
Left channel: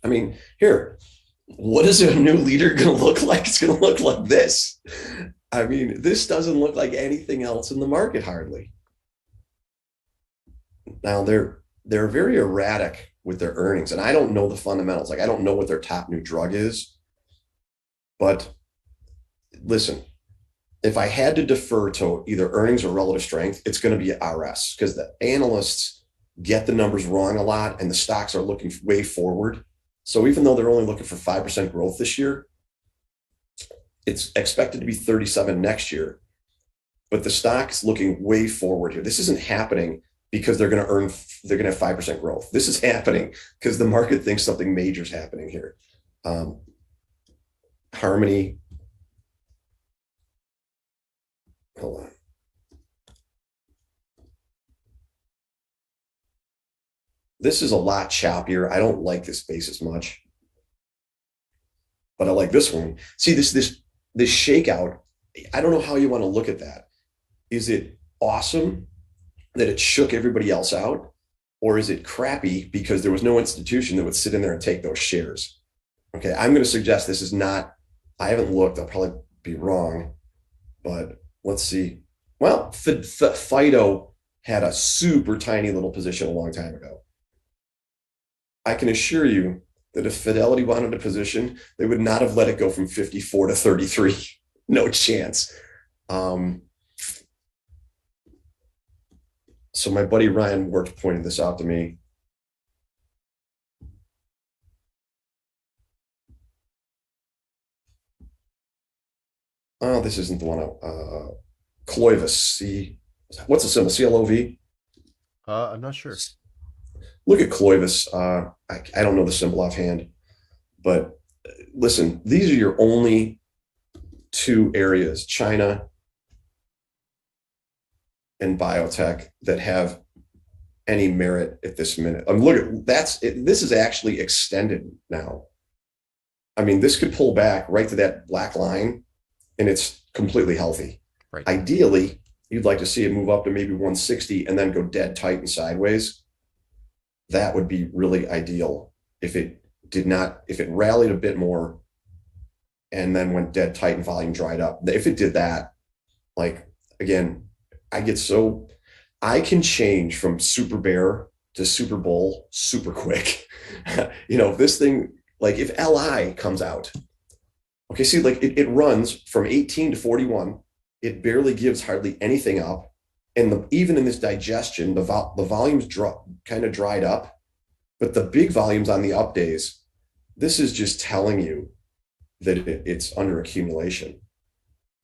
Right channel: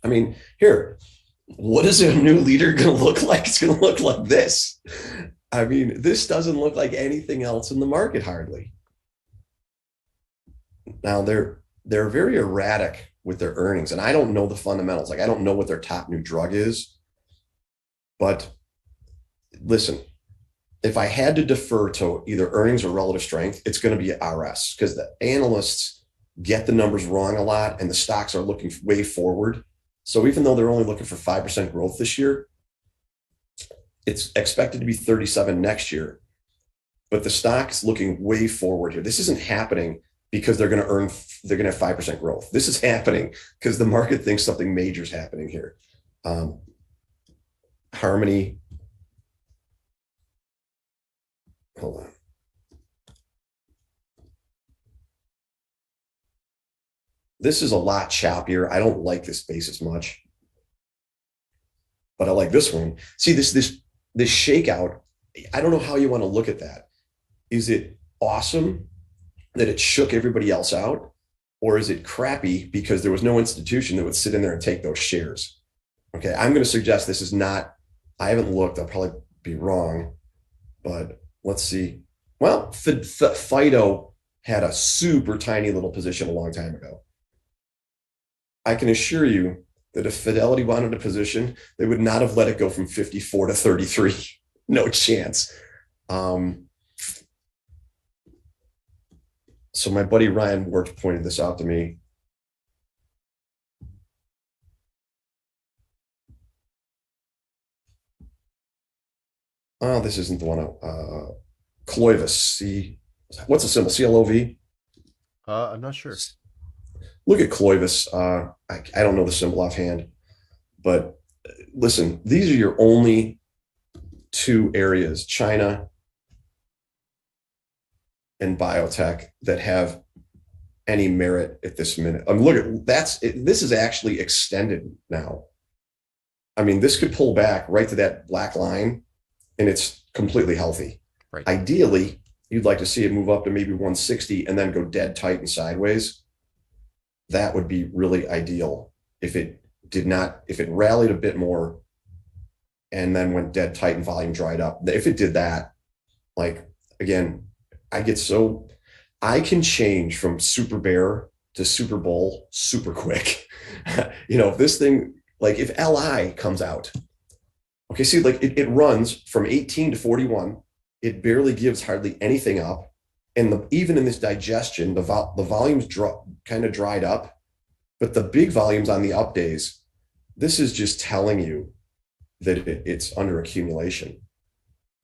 I mean, here, what is a new leader going to look like? It's going to look like this. I mean, this doesn't look like anything else in the market hardly. Now they're very erratic with their earnings, and I don't know the fundamentals. Like, I don't know what their top new drug is, but listen, if I had to defer to either earnings or relative strength, it's going to be RS, because the analysts get the numbers wrong a lot and the stocks are looking way forward. So even though they're only looking for 5% growth this year, it's expected to be 37 next year, but the stock is looking way forward here. This isn't happening because they're going to have 5% growth. This is happening because the market thinks something major is happening here. Harmony. Hold on. This is a lot choppier. I don't like this space as much, but I like this one. See, this shakeout, I don't know how you want to look at that. Is it awesome that it shook everybody else out? Or is it crappy because there was no institution that would sit in there and take those shares? Okay, I'm going to suggest this is not, I haven't looked, I'll probably be wrong, but let's see. Well, Fido had a super tiny little position a long time ago. I can assure you that if Fidelity wanted a position, they would not have let it go from 54 to 33. No chance. So my buddy Ryan Wirt pointed this out to me. Oh, this isn't the one. Clovis. What's the symbol? CLOV? I'm not sure. Look at Clovis. I don't know the symbol offhand, but listen, these are your only two areas, China and biotech, that have any merit at this minute. Look at this is actually extended now. I mean, this could pull back right to that black line and it's completely healthy. Right. Ideally, you'd like to see it move up to maybe 160 and then go dead tight and sideways. That would be really ideal. If it rallied a bit more and then went dead tight and volume dried up. If it did that, like, again, I can change from super bear to super bull super quick. If this thing, like if LI comes out, okay, see, like it runs from 18 to 41. It barely gives hardly anything up. And even in this digestion, the volumes kind of dried up, but the big volumes on the up days, this is just telling you that it's under accumulation.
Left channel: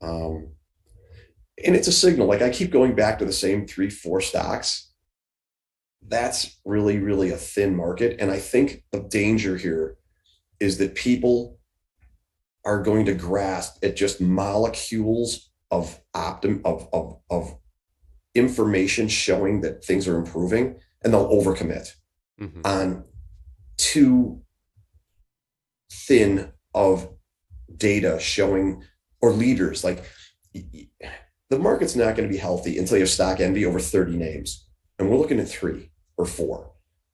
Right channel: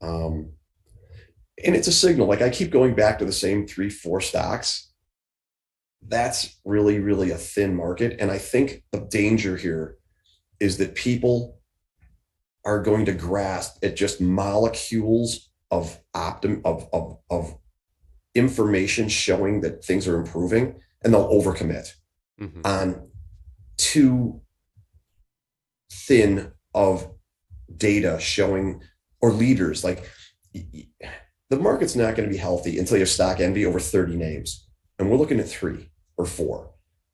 And it's a signal. Like, I keep going back to the same 3-4 stocks. That's really, really a thin market. And I think the danger here is that people are going to grasp at just molecules of information showing that things are improving, and they'll overcommit on too thin of data showing, or leaders. Like, the market's not going to be healthy until you have stock envy over 30 names, and we're looking at 3 or 4.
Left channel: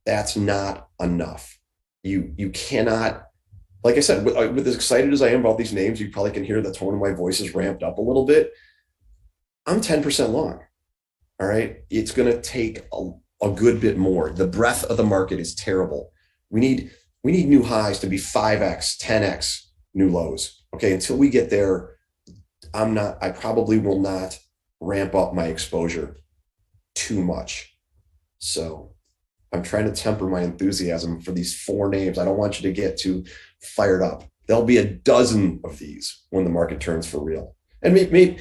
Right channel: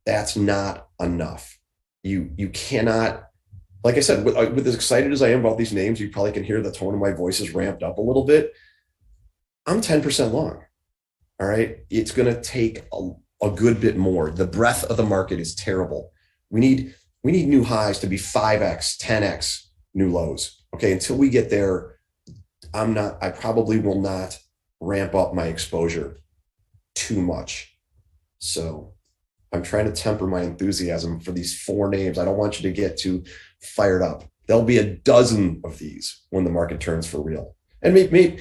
That's not enough. You cannot, like I said, with as excited as I am about these names, you probably can hear the tone of my voice is ramped up a little bit. I'm 10% long. All right. It's going to take a good bit more. The breadth of the market is terrible. We need new highs to be 5x, 10x new lows. Okay. Until we get there, I probably will not ramp up my exposure too much. So I'm trying to temper my enthusiasm for these 4 names. I don't want you to get too fired up. There'll be a dozen of these when the market turns for real. And maybe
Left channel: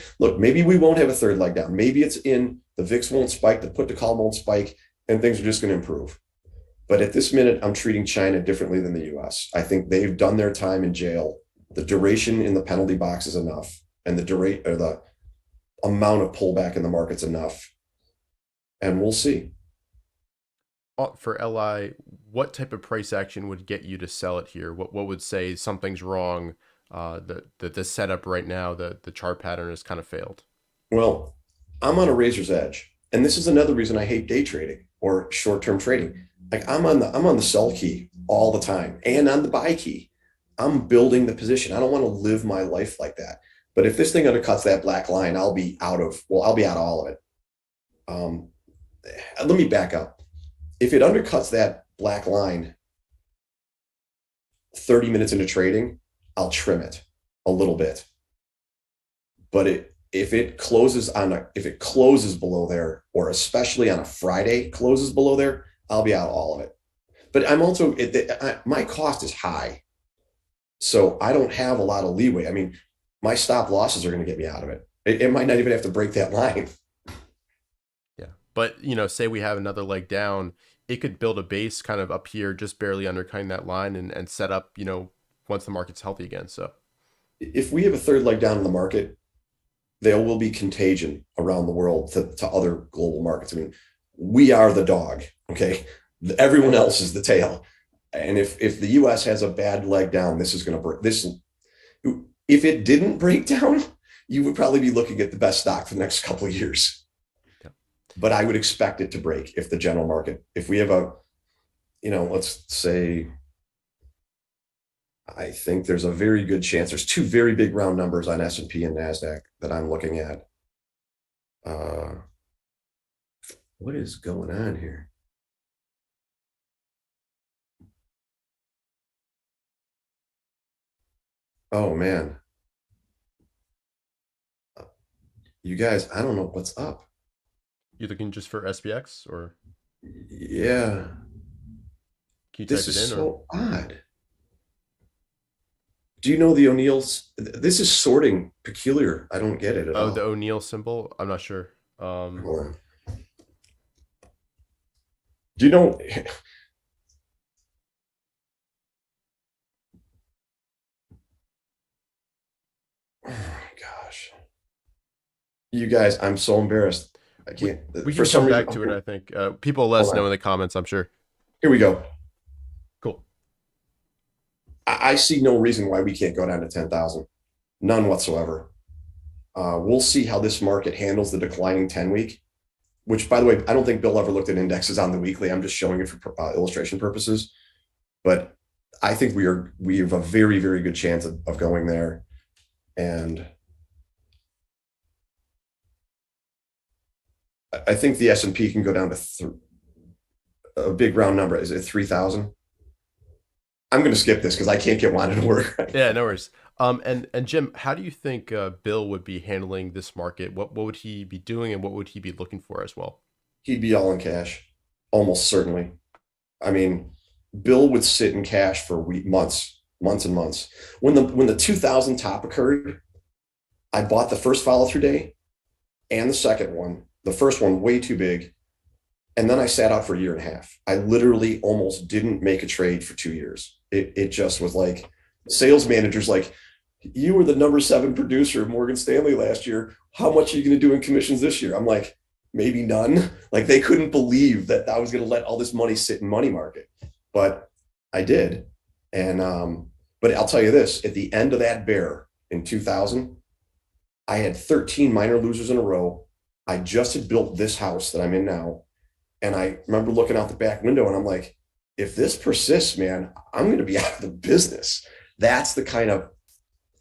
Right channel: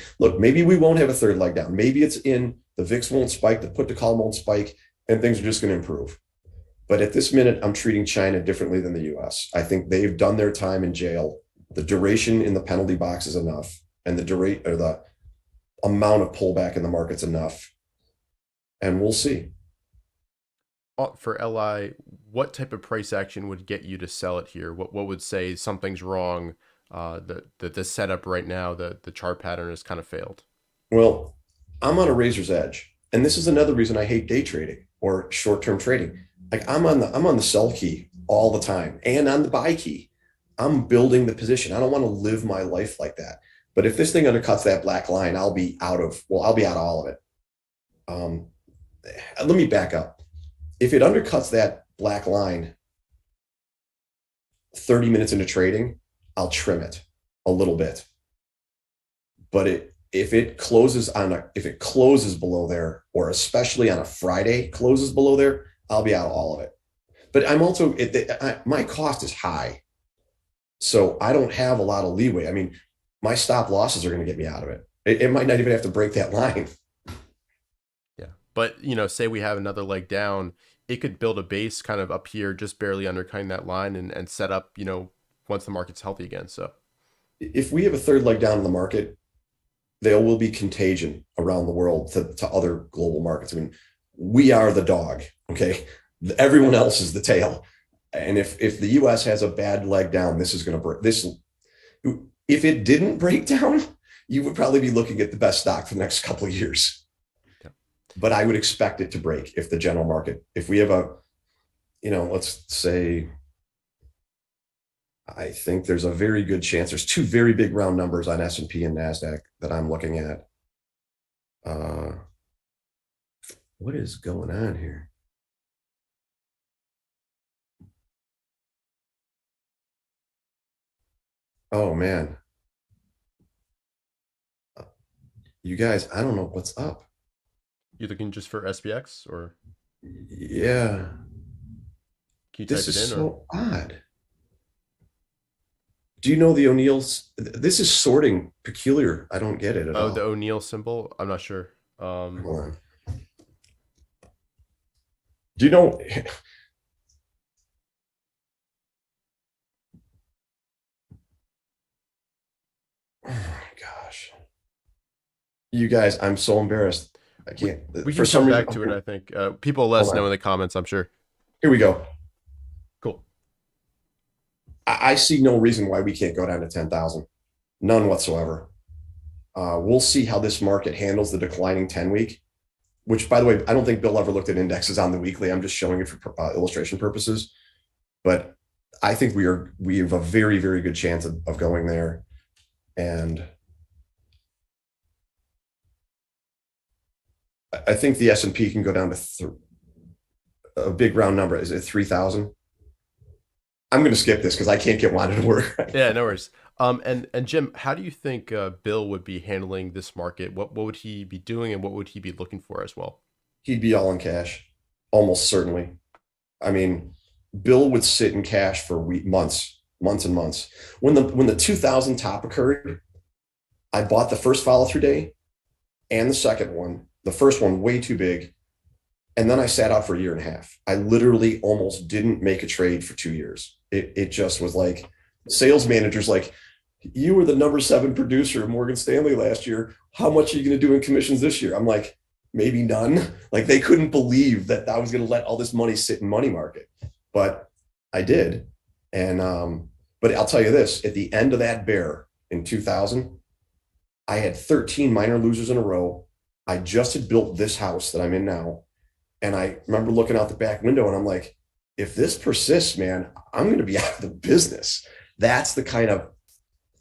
we won't have a third leg down. Maybe it's in the VIX won't spike, the put to call won't spike, and things are just going to improve. But at this minute, I'm treating China differently than the US. I think they've done their time in jail The duration in the penalty box is enough, and the amount of pullback in the market's enough, and we'll see. For LI, what type of price action would get you to sell it here? What would say something's wrong? The setup right now, the chart pattern has kind of failed. Well, I'm on a razor's edge, and this is another reason I hate day trading or short-term trading. Like I'm on the sell key all the time and on the buy key. I'm building the position. I don't want to live my life like that. But if this thing undercuts that black line, I'll be out of all of it. Let me back up. If it undercuts that black line 30 minutes into trading, I'll trim it a little bit. But if it closes below there, or especially on a Friday closes below there, I'll be out all of it. But I'm also my cost is high, so I don't have a lot of leeway. I mean, my stop losses are going to get me out of it. It might not even have to break that line. Yeah, but say we have another leg down, it could build a base kind of up here, just barely undercutting that line, and set up once the market's healthy again. So if we have a third leg down in the market, there will be contagion around the world to other global markets. I mean, we are the dog, okay? Everyone else is the tail. And if the US has a bad leg down, this is going to break. If it didn't break down, you would probably be looking at the best stock for the next couple of years. Yeah. But I would expect it to break if the general market, if we have let's say, I think there's a very good chance. There's two very big round numbers on S&P and NASDAQ that I'm looking at. What is going on here? Oh, man. You guys, I don't know what's up. you looking just for SPX, or Yeah. can you This type it is in? so odd. Do you know the O'Neill's? This is sorting peculiar. I don't get it at all. The O'Neill symbol? I'm not sure. Hold on. Do you know? Oh my gosh. You guys, I'm so embarrassed. I can't. We can come back to it, I think. People let us know in the comments, I'm sure. Here we go. Cool. I see no reason why we can't go down to 10,000. None whatsoever. We'll see how this market handles the declining 10-week, which, by the way, I don't think Bill ever looked at indexes on the weekly. I'm just showing it for illustration purposes. But I think we have a very, very good chance of going there. And I think the S&P can go down to a big round number. Is it 3,000? I'm going to skip this because I can't get wanted to work. Yeah, no worries. And Jim, how do you think Bill would be handling this market? What would he be doing, and what would he be looking for as well? He'd be all in cash, almost certainly. I mean, Bill would sit in cash for months and months. When the 2000 top occurred, I bought the first follow through day and the second one. The first one way too big, and then I sat out for a year and a half. I literally almost didn't make a trade for 2 years. It just was like sales managers like, you were the number 7 producer of Morgan Stanley last year. How much are you going to do in commissions this year? I'm like, maybe none. Like, they couldn't believe that I was going to let all this money sit in money market, but I did. And but I'll tell you this: at the end of that bear in 2000, I had 13 minor losers in a row. I just had built this house that I'm in now, and I remember looking out the back window, and I'm like, if this persists, man, I'm going to be out of the business. That's the kind of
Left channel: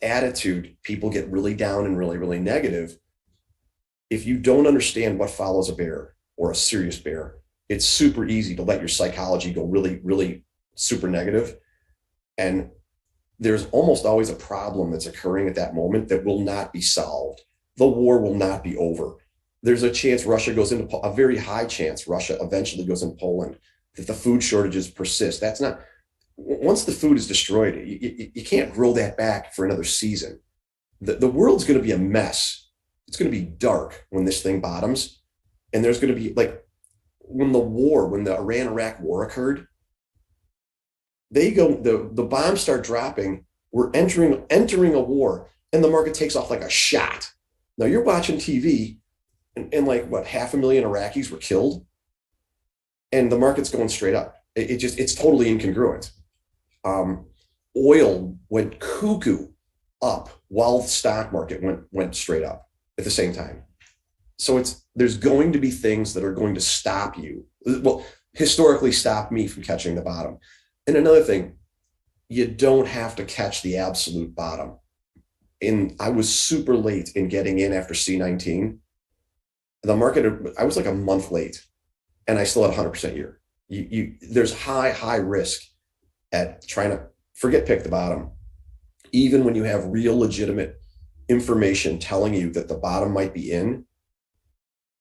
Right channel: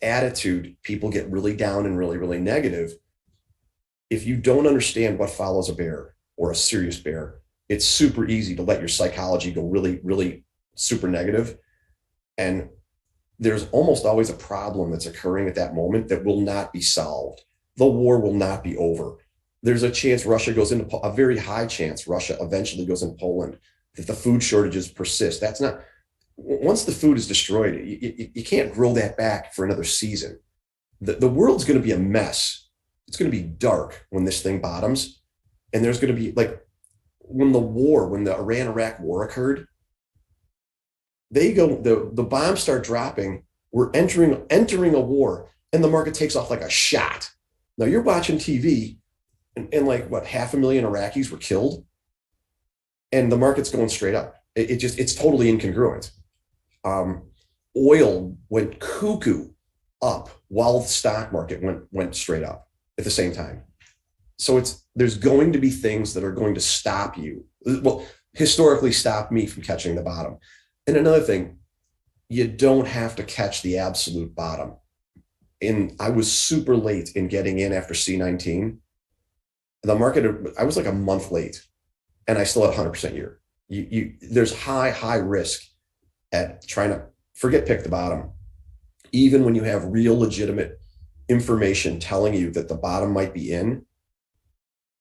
attitude people get really down and really, really negative. If you don't understand what follows a bear or a serious bear, it's super easy to let your psychology go really, really super negative. And there's almost always a problem that's occurring at that moment that will not be solved. The war will not be over. There's a chance Russia goes into, a very high chance Russia eventually goes into Poland, that the food shortages persist. That's not, once the food is destroyed, you can't grow that back for another season. The world's going to be a mess. It's going to be dark when this thing bottoms. And there's going to be, like, when the Iran-Iraq war occurred, the bombs start dropping We're entering a war, and the market takes off like a shot. Now you're watching TV, and like what, 500,000 Iraqis were killed, and the market's going straight up. It's totally incongruent. Oil went cuckoo up while the stock market went straight up at the same time. So there's going to be things that are going to stop you. Well, historically stop me from catching the bottom. And another thing, you don't have to catch the absolute bottom. And I was super late in getting in after C19. The market, I was like a month late, and I still had 100% year. There's high risk at trying to pick the bottom. Even when you have real legitimate information telling you that the bottom might be in,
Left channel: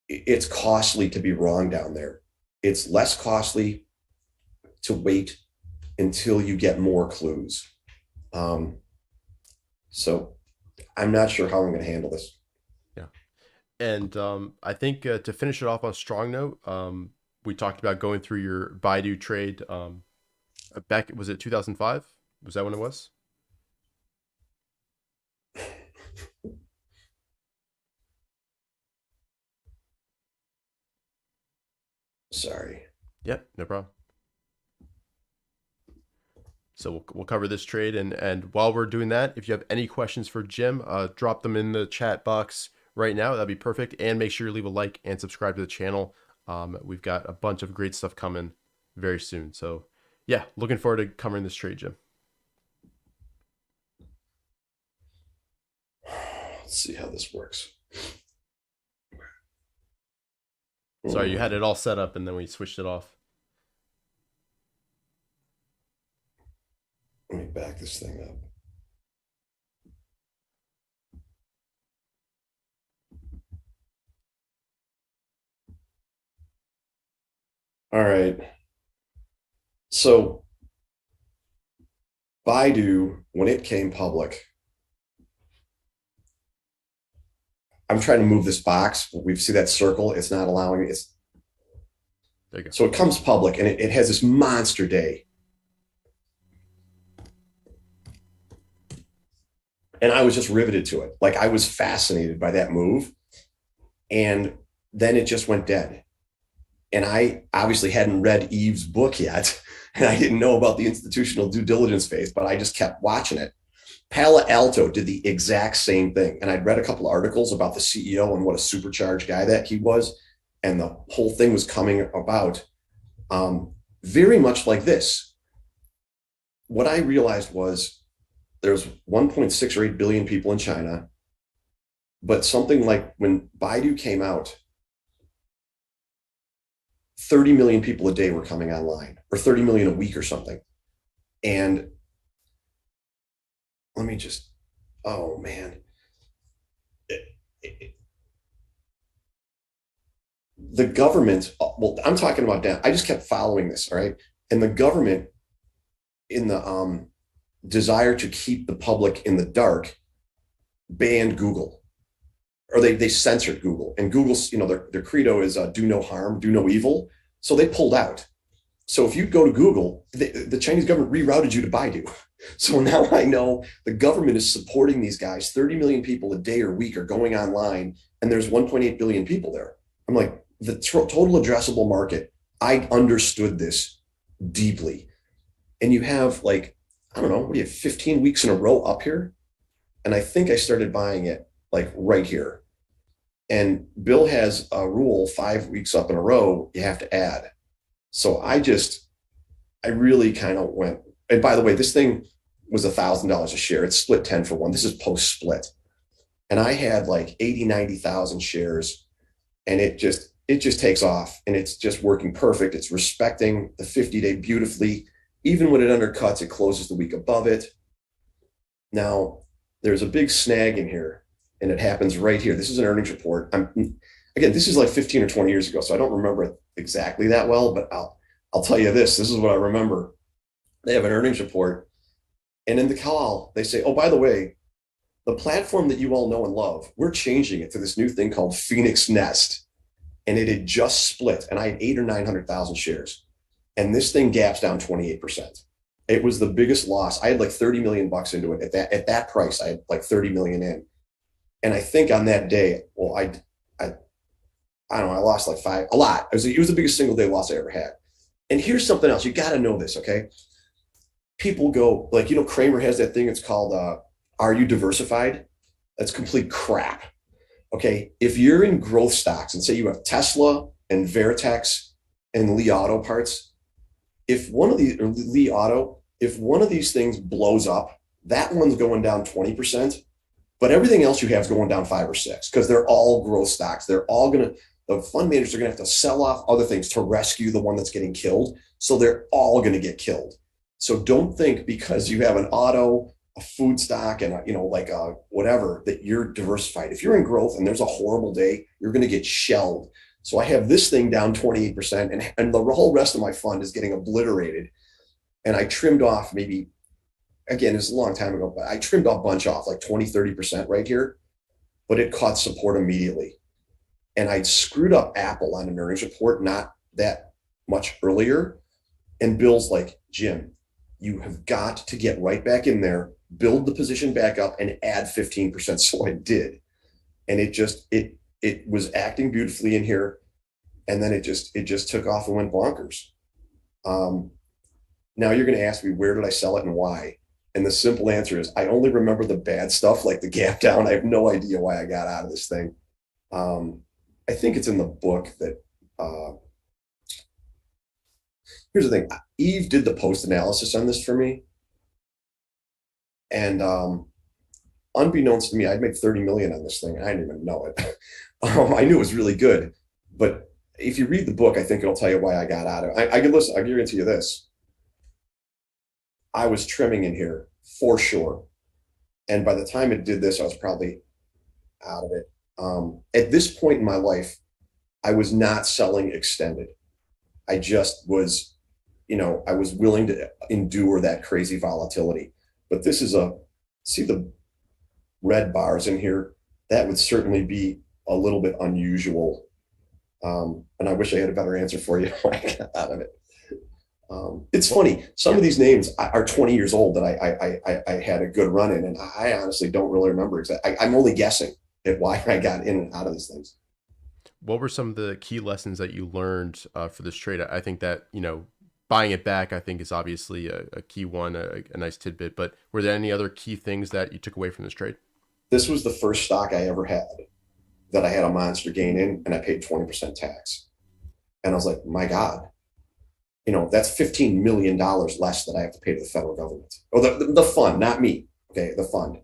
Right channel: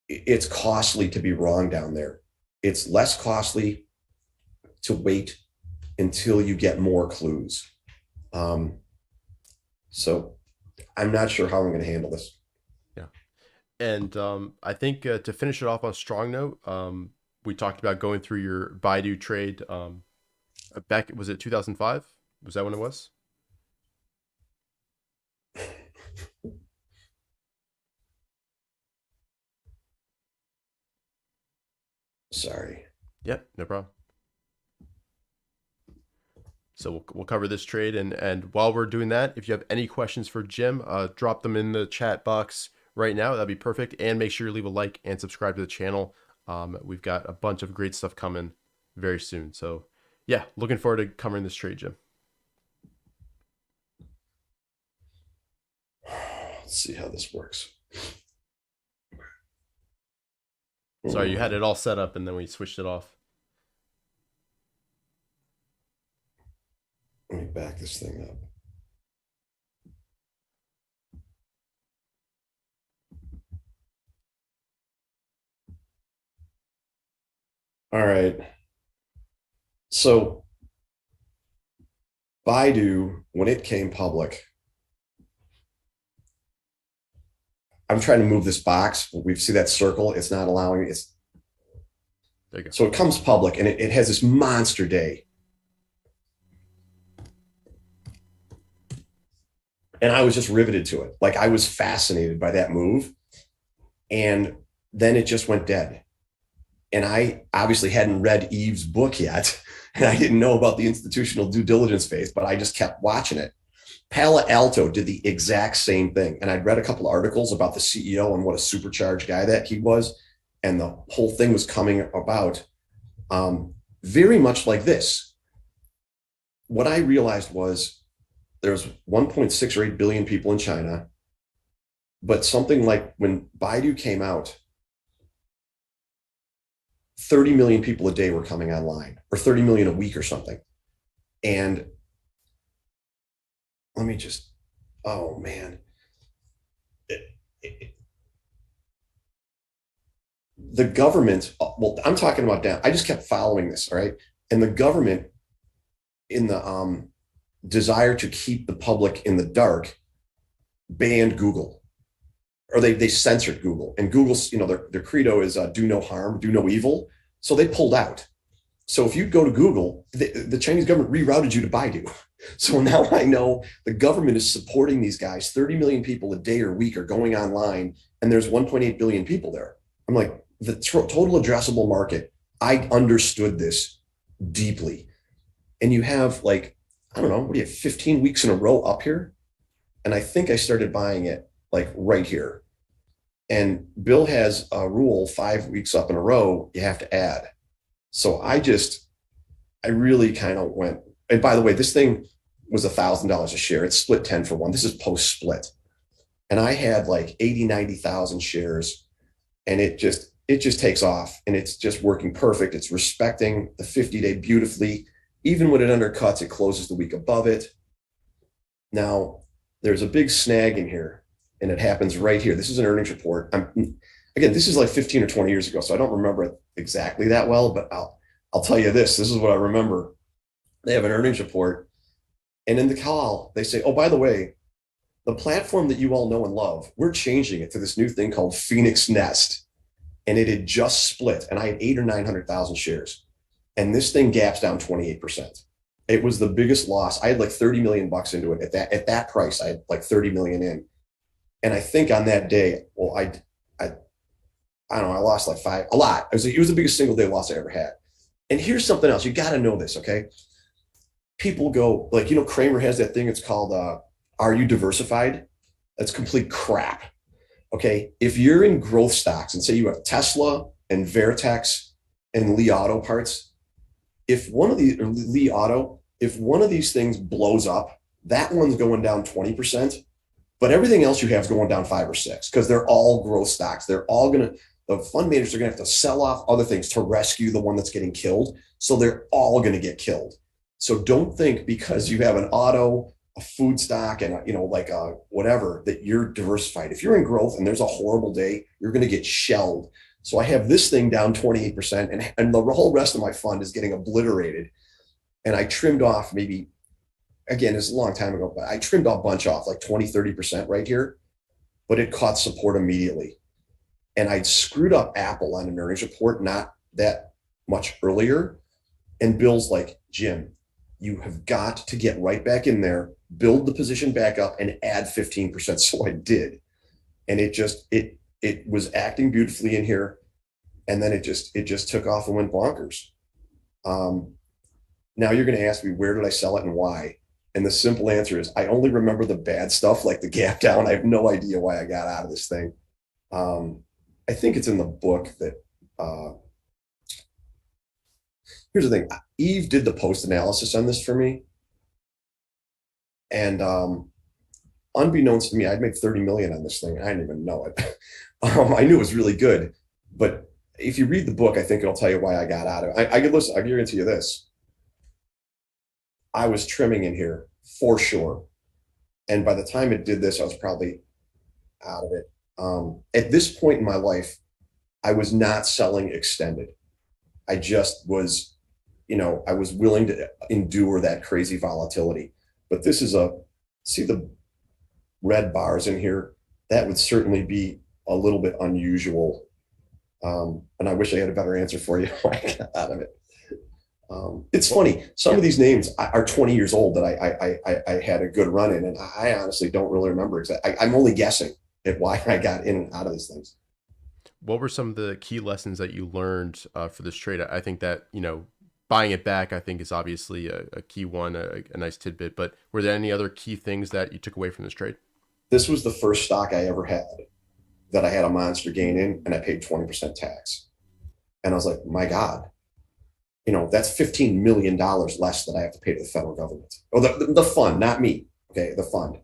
it's costly to be wrong down there. It's less costly to wait until you get more clues. So I'm not sure how I'm going to handle this. Yeah. And I think to finish it off on a strong note, we talked about going through your Baidu trade back, was it 2005? Was that when it was? Sorry. Yep, no problem. So we'll cover this trade, and while we're doing that, if you have any questions for Jim, drop them in the chat box right now. That'd be perfect. And make sure you leave a like and subscribe to the channel. We've got a bunch of great stuff coming very soon. So yeah, looking forward to covering this trade, Jim. Let's see how this works. Sorry, you had it all set up and then we switched it off. Let me back this thing up. All right. So Baidu, when it came public, I'm trying to move this box. We see that circle. It's not allowing it. There you go. So it comes public, and it has this monster day. And I was just riveted to it. Like, I was fascinated by that move. And then it just went dead. And I obviously hadn't read Eve's book yet. And I didn't know about the institutional due diligence phase, but I just kept watching it. Palo Alto did the exact same thing. And I'd read a couple of articles about the CEO and what a supercharged guy that he was. And the whole thing was coming about very much like this. What I realized was there's 1.6 or 8 billion people in China, but something like when Baidu came out, 30 million people a day were coming online, or 30 million a week or something. And let me just, oh man. The government, well, I'm talking about down. I just kept following this, all right? And the government, in the desire to keep the public in the dark, banned Google, or they censored Google. And Google's, their credo is do no harm, do no evil. So they pulled out. So if you go to Google, the Chinese government rerouted you to Baidu. So now I know the government is supporting these guys. 30 million people a day or week are going online, and there's 1.8 billion people there. I'm like, the total addressable market, I understood this deeply. And you have like, I don't know, what do you have, 15 weeks in a row up here? And I think I started buying it like right here. And Bill has a rule, 5 weeks up in a row, you have to add. So I really kind of went, and by the way, this thing was $1,000 a share. It's split 10 for 1. This is post split. And I had like 80, 90,000 shares, and it just takes off, and it's just working perfect. It's respecting the 50-day beautifully. Even when it undercuts, it closes the week above it. Now, there's a big snag in here, and it happens right here. This is an earnings report. Again, this is like 15 or 20 years ago, so I don't remember it exactly that well, but I'll tell you this. This is what I remember. They have an earnings report, and in the call, they say, oh, by the way, the platform that you all know and love, we're changing it to this new thing called Phoenix Nest. And it had just split, and I had 800,000 or 900,000 shares. And this thing gaps down 28%. It was the biggest loss. I had like 30 million bucks into it at that price. I had like 30 million in. And I think on that day, well, I don't know, I lost like a lot. It was the biggest single day loss I ever had. And here's something else. You got to know this, okay? People go like, Kramer has that thing. It's called, are you diversified? That's complete crap. Okay. If you're in growth stocks and say you have Tesla and Vertex and Li Auto parts, if one of these, or Li Auto, if one of these things blows up, that one's going down 20%, but everything else you have is going down 5 or 6 because they're all growth stocks. They're all the fund managers are going to have to sell off other things to rescue the one that's getting killed. So they're all going to get killed. So don't think because you have an auto, a food stock, and like a whatever, that you're diversified. If you're in growth and there's a horrible day, you're going to get shelled. So I have this thing down 28%, and the whole rest of my fund is getting obliterated. And I trimmed off maybe, again, it's a long time ago, but I trimmed a bunch off, like 20, 30% right here, but it caught support immediately. And I'd screwed up Apple on an earnings report not that much earlier. And Bill's like, Jim, you have got to get right back in there, build the position back up, and add 15%. So I did. And it was acting beautifully in here. And then it just took off and went bonkers. Now you're going to ask me, where did I sell it and why? And the simple answer is, I only remember the bad stuff, like the gap down. I have no idea why I got out of this thing. I think it's in the book that, here's the thing. Eve did the post analysis on this for me. And unbeknownst to me, I'd made 30 million on this thing. And I didn't even know it. I knew it was really good. But if you read the book, I think it'll tell you why I got out of it. I can listen. I guarantee you this. I was trimming in here for sure. And by the time it did this, I was probably out of it. At this point in my life, I was not selling extended. I just was, I was willing to endure that crazy volatility. But this is see the red bars in here? That would certainly be a little bit unusual. And I wish I had a better answer for you when I got out of it. It's funny. Some of these names are 20 years old that I had a good run in, and I honestly don't really remember exactly. I'm only guessing at why I got in and out of these things. What were some of the key lessons that you learned for this trade? I think that, buying it back, I think is obviously a key one, a nice tidbit, but were there any other key things that you took away from this trade? This was the first stock I ever had that I had a monster gain in, and I paid 20% tax. And I was like, my God, that's $15 million less that I have to pay to the federal government. Or the fund, not me. Okay, the fund.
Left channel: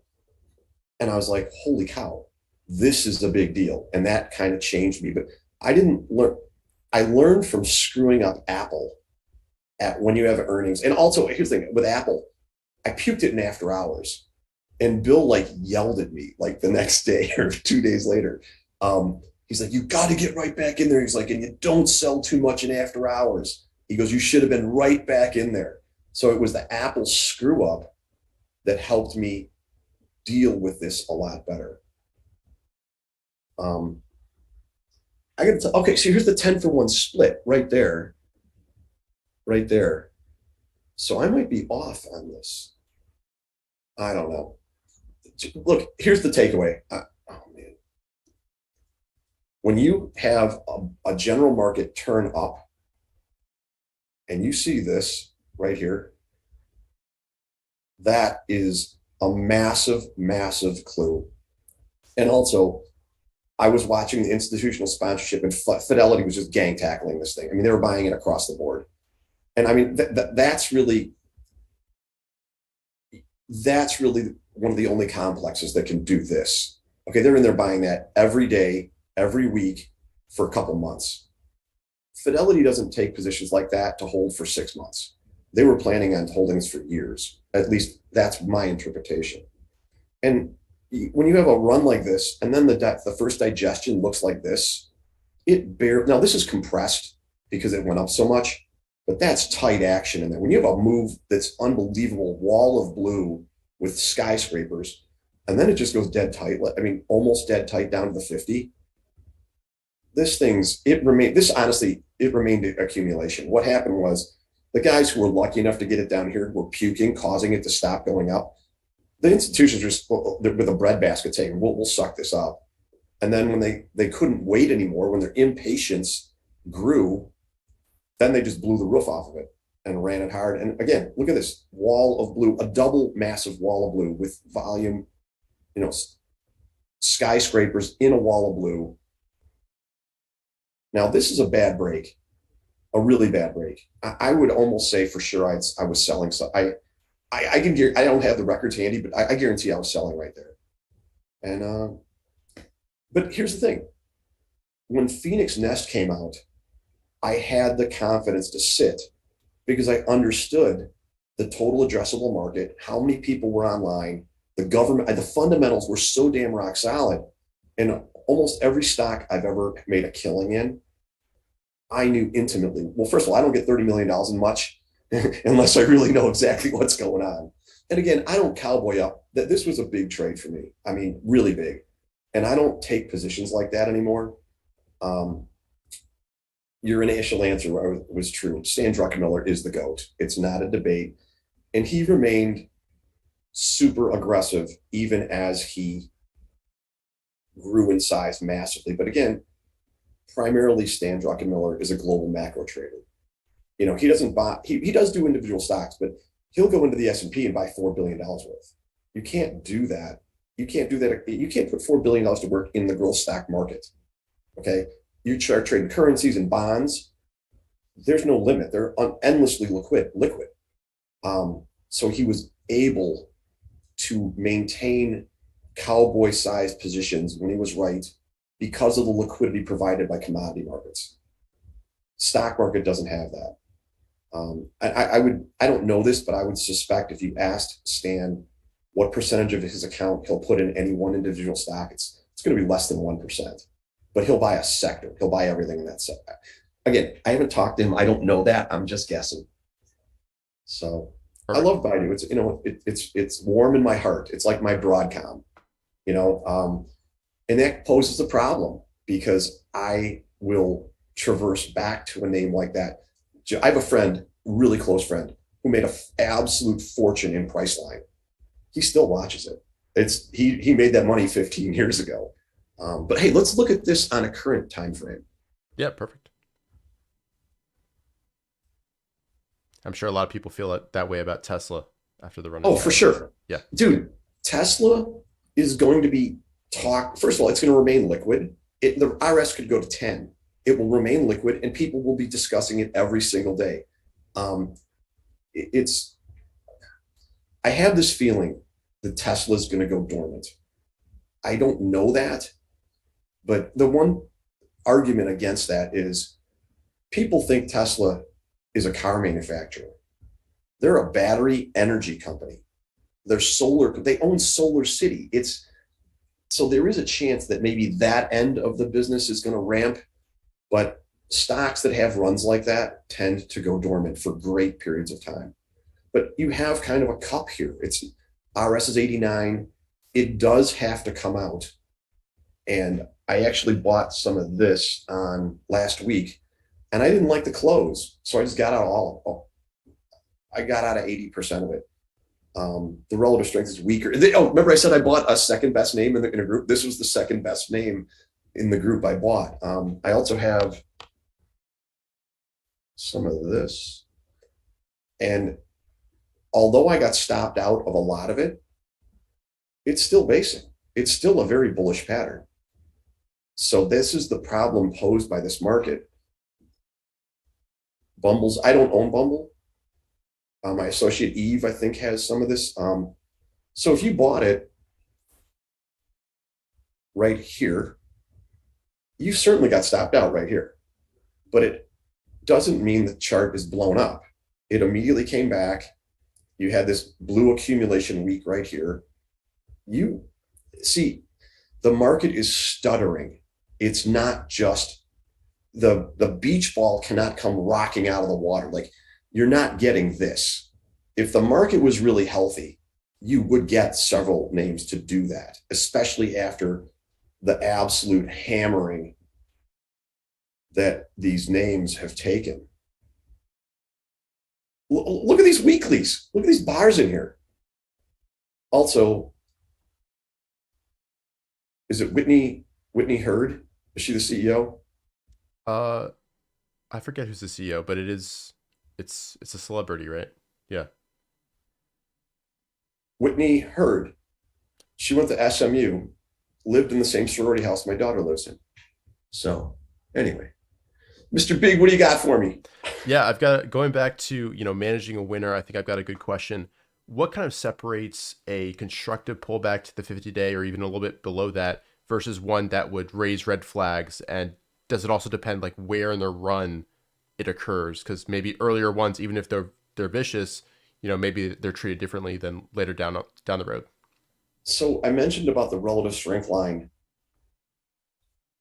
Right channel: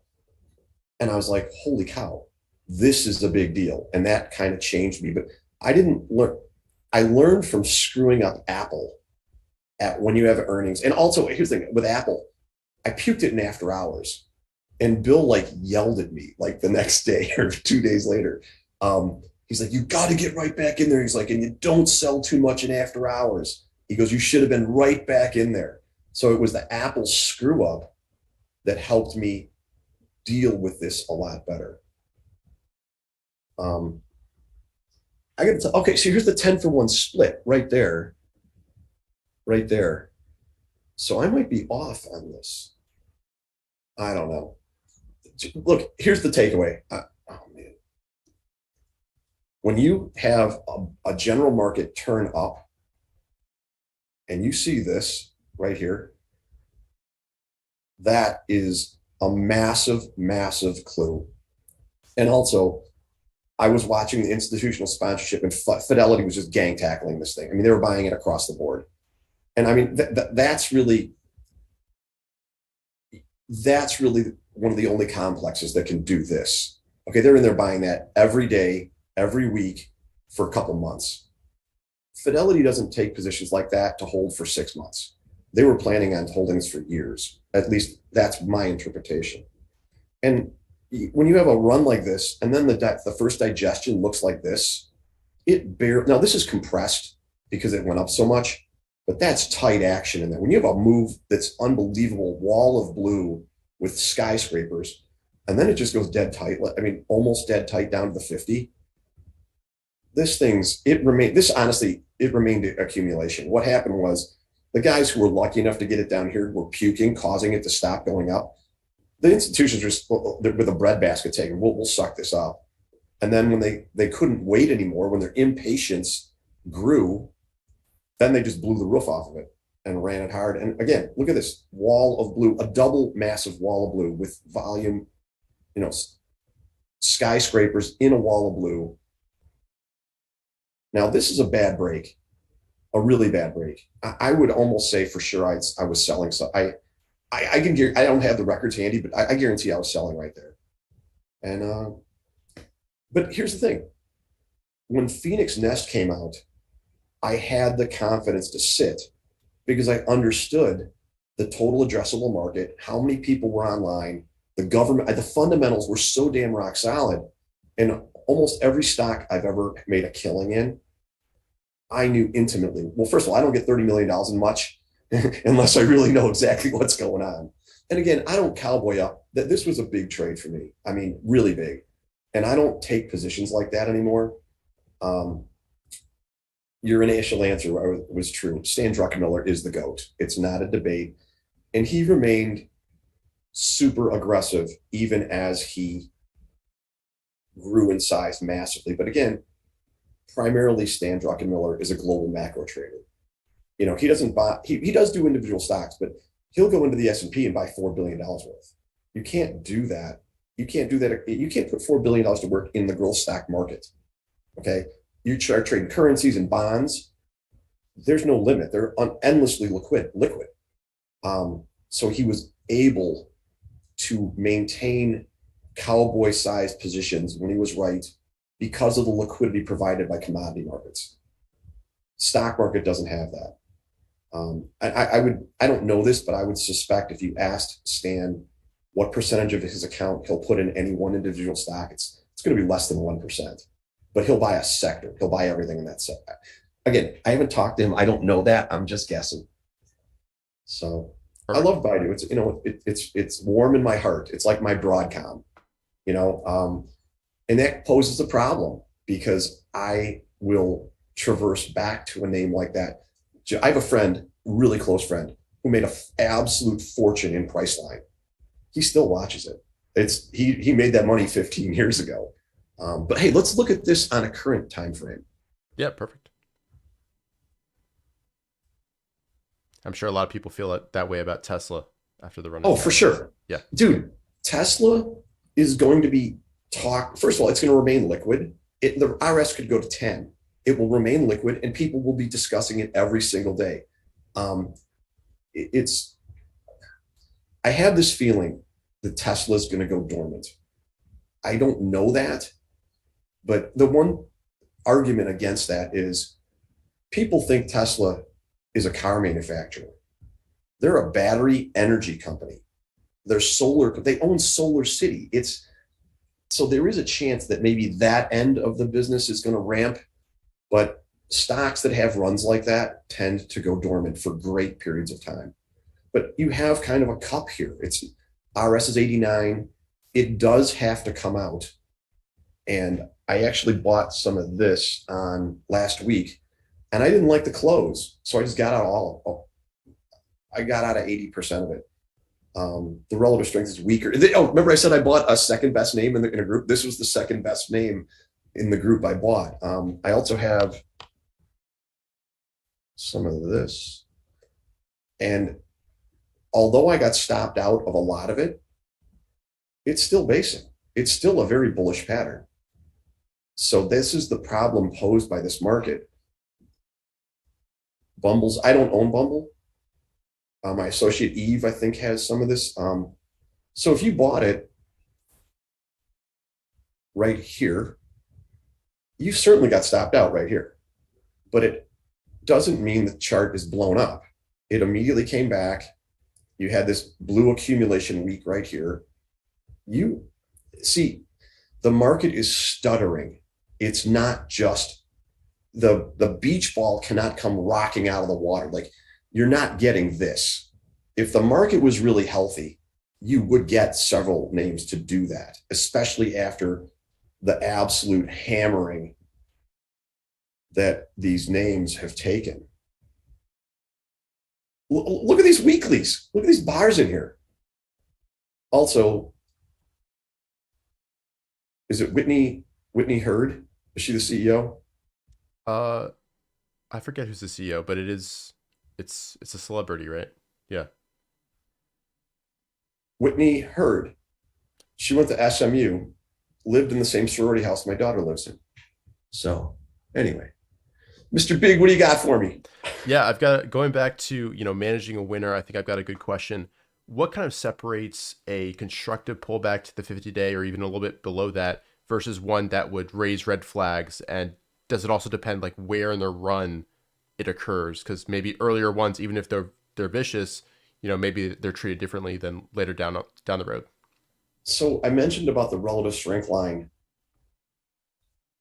And I was like, holy cow, this is a big deal. And that kind of changed me. But I didn't learn. I learned from screwing up Apple when you have earnings. And also, here's the thing with Apple, I puked it in after hours. And Bill yelled at me the next day or 2 days later. He's like, you got to get right back in there. He's like, and you don't sell too much in after hours. He goes, you should have been right back in there. So it was the Apple screw up that helped me deal with this a lot better. I got to okay, so here's the 10-for-1 split right there. Right there. So I might be off on this. I don't know. Look, here's the takeaway. Oh man. When you have a general market turn up, and you see this right here, that is a massive, massive clue. And also, I was watching the institutional sponsorship, and Fidelity was just gang tackling this thing. I mean, they were buying it across the board. And I mean, that's really one of the only complexes that can do this. Okay, they're in there buying that every day, every week for a couple months. Fidelity doesn't take positions like that to hold for 6 months. They were planning on holding this for years. At least that's my interpretation. And when you have a run like this, and then the first digestion looks like this, now this is compressed because it went up so much, but that's tight action in there. When you have a move that's unbelievable, wall of blue with skyscrapers, and then it just goes dead tight. I mean, almost dead tight down to the 50. It remained accumulation. What happened was The guys who were lucky enough to get it down here were puking, causing it to stop going up. The institutions are just with a breadbasket taking, we'll suck this up. And then when they couldn't wait anymore, when their impatience grew, then they just blew the roof off of it and ran it hard. And again, look at this wall of blue, a double massive wall of blue with volume, you know, skyscrapers in a wall of blue. Now, this is a bad break, a really bad break. I would almost say for sure I was selling. So I don't have the records handy, but I guarantee I was selling right there. And but here's the thing: when Phoenix Nest came out, I had the confidence to sit because I understood the total addressable market, how many people were online, the government, the fundamentals were so damn rock solid. And almost every stock I've ever made a killing in, I knew intimately. Well, first of all, I don't get $30 million in much unless I really know exactly what's going on. And again, I don't cowboy up that this was a big trade for me. I mean, really big. And I don't take positions like that anymore. Your initial answer was true. Stan Druckenmiller is the GOAT. It's not a debate. And he remained super aggressive even as he grew in size massively. But again, primarily Stan Druckenmiller is a global macro trader. You know, he doesn't buy, he does do individual stocks, but he'll go into the S&P and buy $4 billion worth. You can't do that. You can't do that. You can't put $4 billion to work in the growth stock market. Okay. You start trading currencies and bonds. There's no limit. They're endlessly liquid. So he was able to maintain cowboy-sized positions when he was right because of the liquidity provided by commodity markets. Stock market doesn't have that. I don't know this, but I would suspect if you asked Stan what percentage of his account he'll put in any one individual stock, it's going to be less than 1%. But he'll buy a sector. He'll buy everything in that sector. Again, I haven't talked to him. I don't know that. I'm just guessing. So perfect. I love Baidu. It's, you know, it's warm in my heart. It's like my Broadcom, you know, and that poses a problem because I will traverse back to a name like that. I have a friend, really close friend, who made an absolute fortune in Priceline. He still watches it. He made that money 15 years ago. But hey, let's look at this on a current time frame. Yeah, perfect. I'm sure a lot of people feel that way about Tesla after the run. Oh, for sure. Yeah. Dude, Tesla is going to be first of all, it's going to remain liquid. The RS could go to 10. It will remain liquid and people will be discussing it every single day. I have this feeling that Tesla is going to go dormant. I don't know that, but the one argument against that is people think Tesla is a car manufacturer. They're a battery energy company. They own Solar City. So there is a chance that maybe that end of the business is going to ramp, but stocks that have runs like that tend to go dormant for great periods of time. But you have kind of a cup here. RS is 89. It does have to come out. And I actually bought some of this on last week and I didn't like the close. So I just got out I got out of 80% of it. The relative strength is weaker. Remember I said I bought a second best name in a group? This was the second best name in the group I bought. I also have some of this. And although I got stopped out of a lot of it, it's still basic. It's still a very bullish pattern. So this is the problem posed by this market. Bumble's, I don't own Bumble. My associate Eve, I think, has some of this. So if you bought it right here, you certainly got stopped out right here. But it doesn't mean the chart is blown up. It immediately came back. You had this blue accumulation week right here. You see, the market is stuttering. It's not just the beach ball cannot come rocking out of the water. Like, you're not getting this. If the market was really healthy, you would get several names to do that, especially after the absolute hammering that these names have taken. Look at these weeklies. Look at these bars in here. Also, is it Whitney Hurd? Is she the CEO? Uh, I forget who's the CEO, but it's a celebrity, right? Yeah. Whitney Hurd. She went to SMU, lived in the same sorority house my daughter lives in. So anyway, Mr. Big, what do you got for me? Yeah, I've got going back to, managing a winner. I think I've got a good question. What kind of separates a constructive pullback to the 50-day or even a little bit below that versus one that would raise red flags? And does it also depend like where in the run it occurs? Because maybe earlier ones, even if they're vicious, maybe they're treated differently than later down the road. So I mentioned about the relative strength line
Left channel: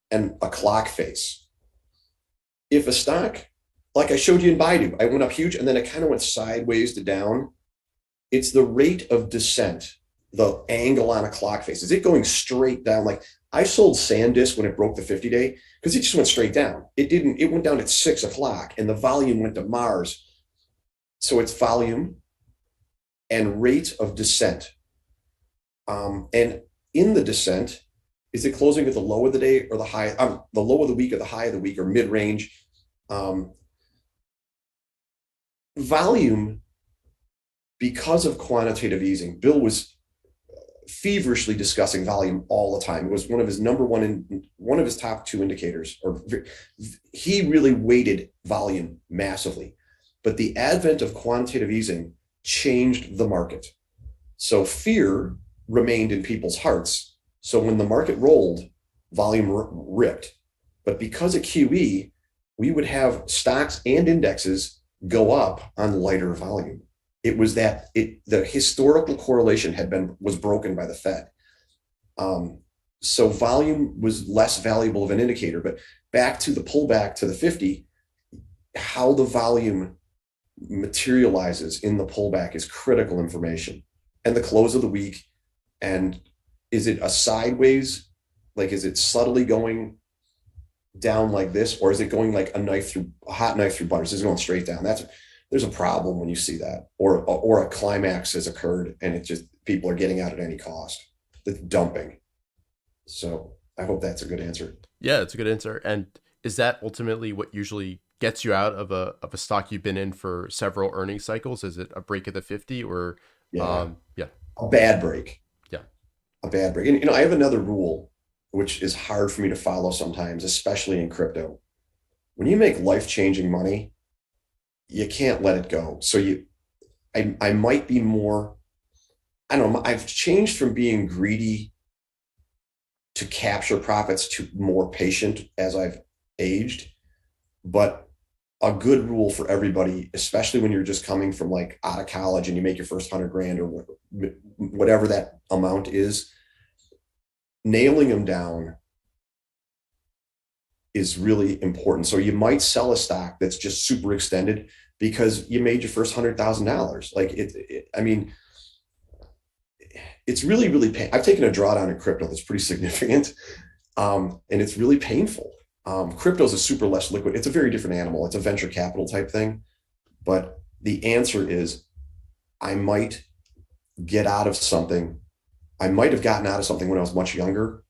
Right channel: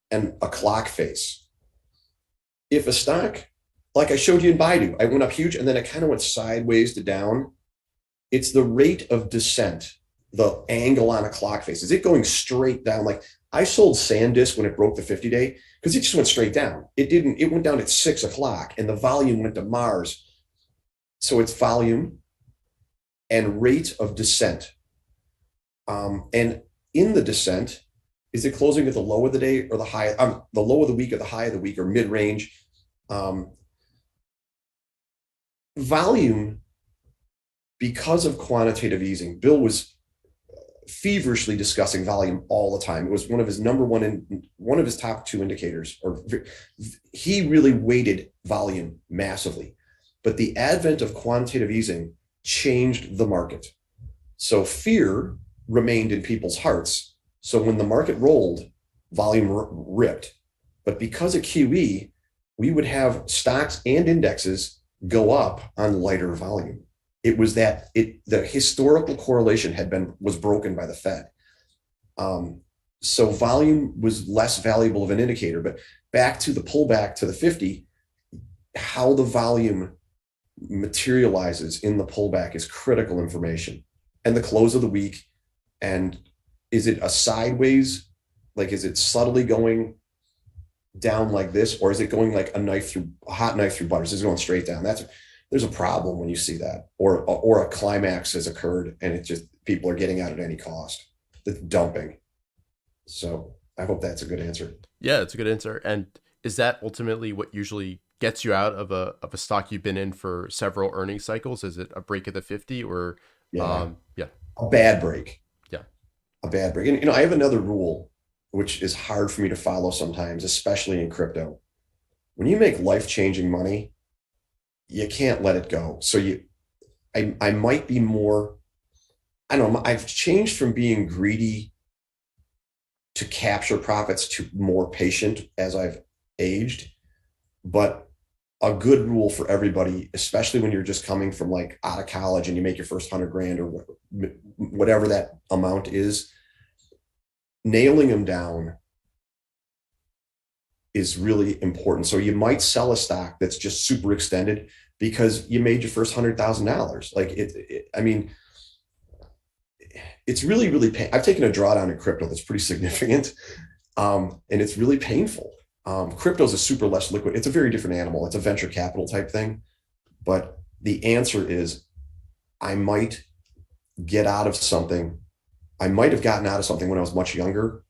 and a clock face. If a stock, like I showed you in Baidu, I went up huge and then it kind of went sideways to down. It's the rate of descent, the angle on a clock face. Is it going straight down? Like I sold SanDisk when it broke the 50-day because it just went straight down. It went down at 6 o'clock and the volume went to Mars. So it's volume and rate of descent. And in the descent, is it closing at the low of the day or the high, the low of the week or the high of the week or mid-range? Volume, because of quantitative easing, Bill was feverishly discussing volume all the time. It was one of his one of his top two indicators, or he really weighted volume massively. But the advent of quantitative easing changed the market. So fear remained in people's hearts. So when the market rolled, volume ripped. But because of QE, we would have stocks and indexes go up on lighter volume. It was that the historical correlation was broken by the Fed. So volume was less valuable of an indicator. But back to the pullback to the 50, how the volume materializes in the pullback is critical information. And the close of the week, and is it a sideways, like is it subtly going down like this, or is it going like a hot knife through butter? Is it going straight down? There's a problem when you see that, or a climax has occurred and it just people are getting out at any cost. The dumping. So I hope that's a good answer. Yeah, it's a good answer. And is that ultimately what usually gets you out of a stock you've been in for several earnings cycles? Is it a break at the 50 or Yeah. yeah. A bad break. Yeah. A bad break. And I have another rule which is hard for me to follow sometimes, especially in crypto. When you make life-changing money, you can't let it go. So I might be more, I don't know, I've changed from being greedy to capture profits to more patient as I've aged. But a good rule for everybody, especially when you're just coming from like out of college and you make your first 100 grand or whatever that amount is, nailing them down is really important. So you might sell a stock that's just super extended because you made your first $100,000. Like I mean, it's really, really I've taken a drawdown in crypto that's pretty significant. And it's really painful. Crypto is a super less liquid. It's a very different animal. It's a venture capital type thing. But the answer is I might get out of something. I might have gotten out of something when I was much younger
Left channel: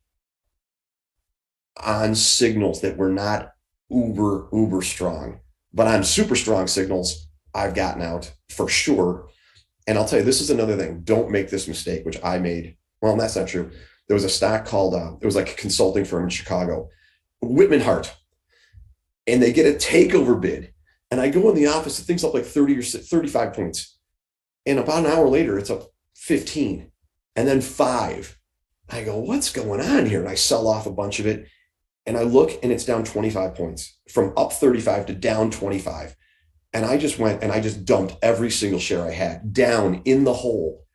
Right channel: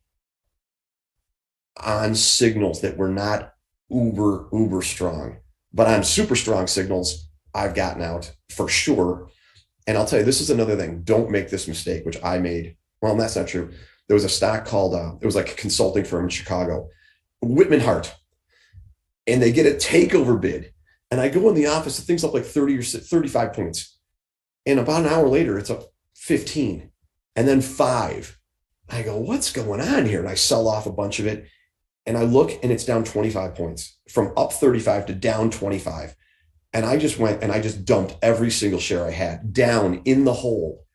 on signals that were not uber strong, but on super strong signals, I've gotten out for sure. And I'll tell you, this is another thing. Don't make this mistake, which I made. Well, that's not true. There was a stock called, it was like a consulting firm in Chicago, Whitman Hart, and they get a takeover bid. And I go in the office, the thing's up like 30 or 35 points. And about an hour later, it's up 15 and then 5. I go, what's going on here? And I sell off a bunch of it. And I look and it's down 25 points from up 35 to down 25. And I just went and I just dumped every single share I had down in the hole.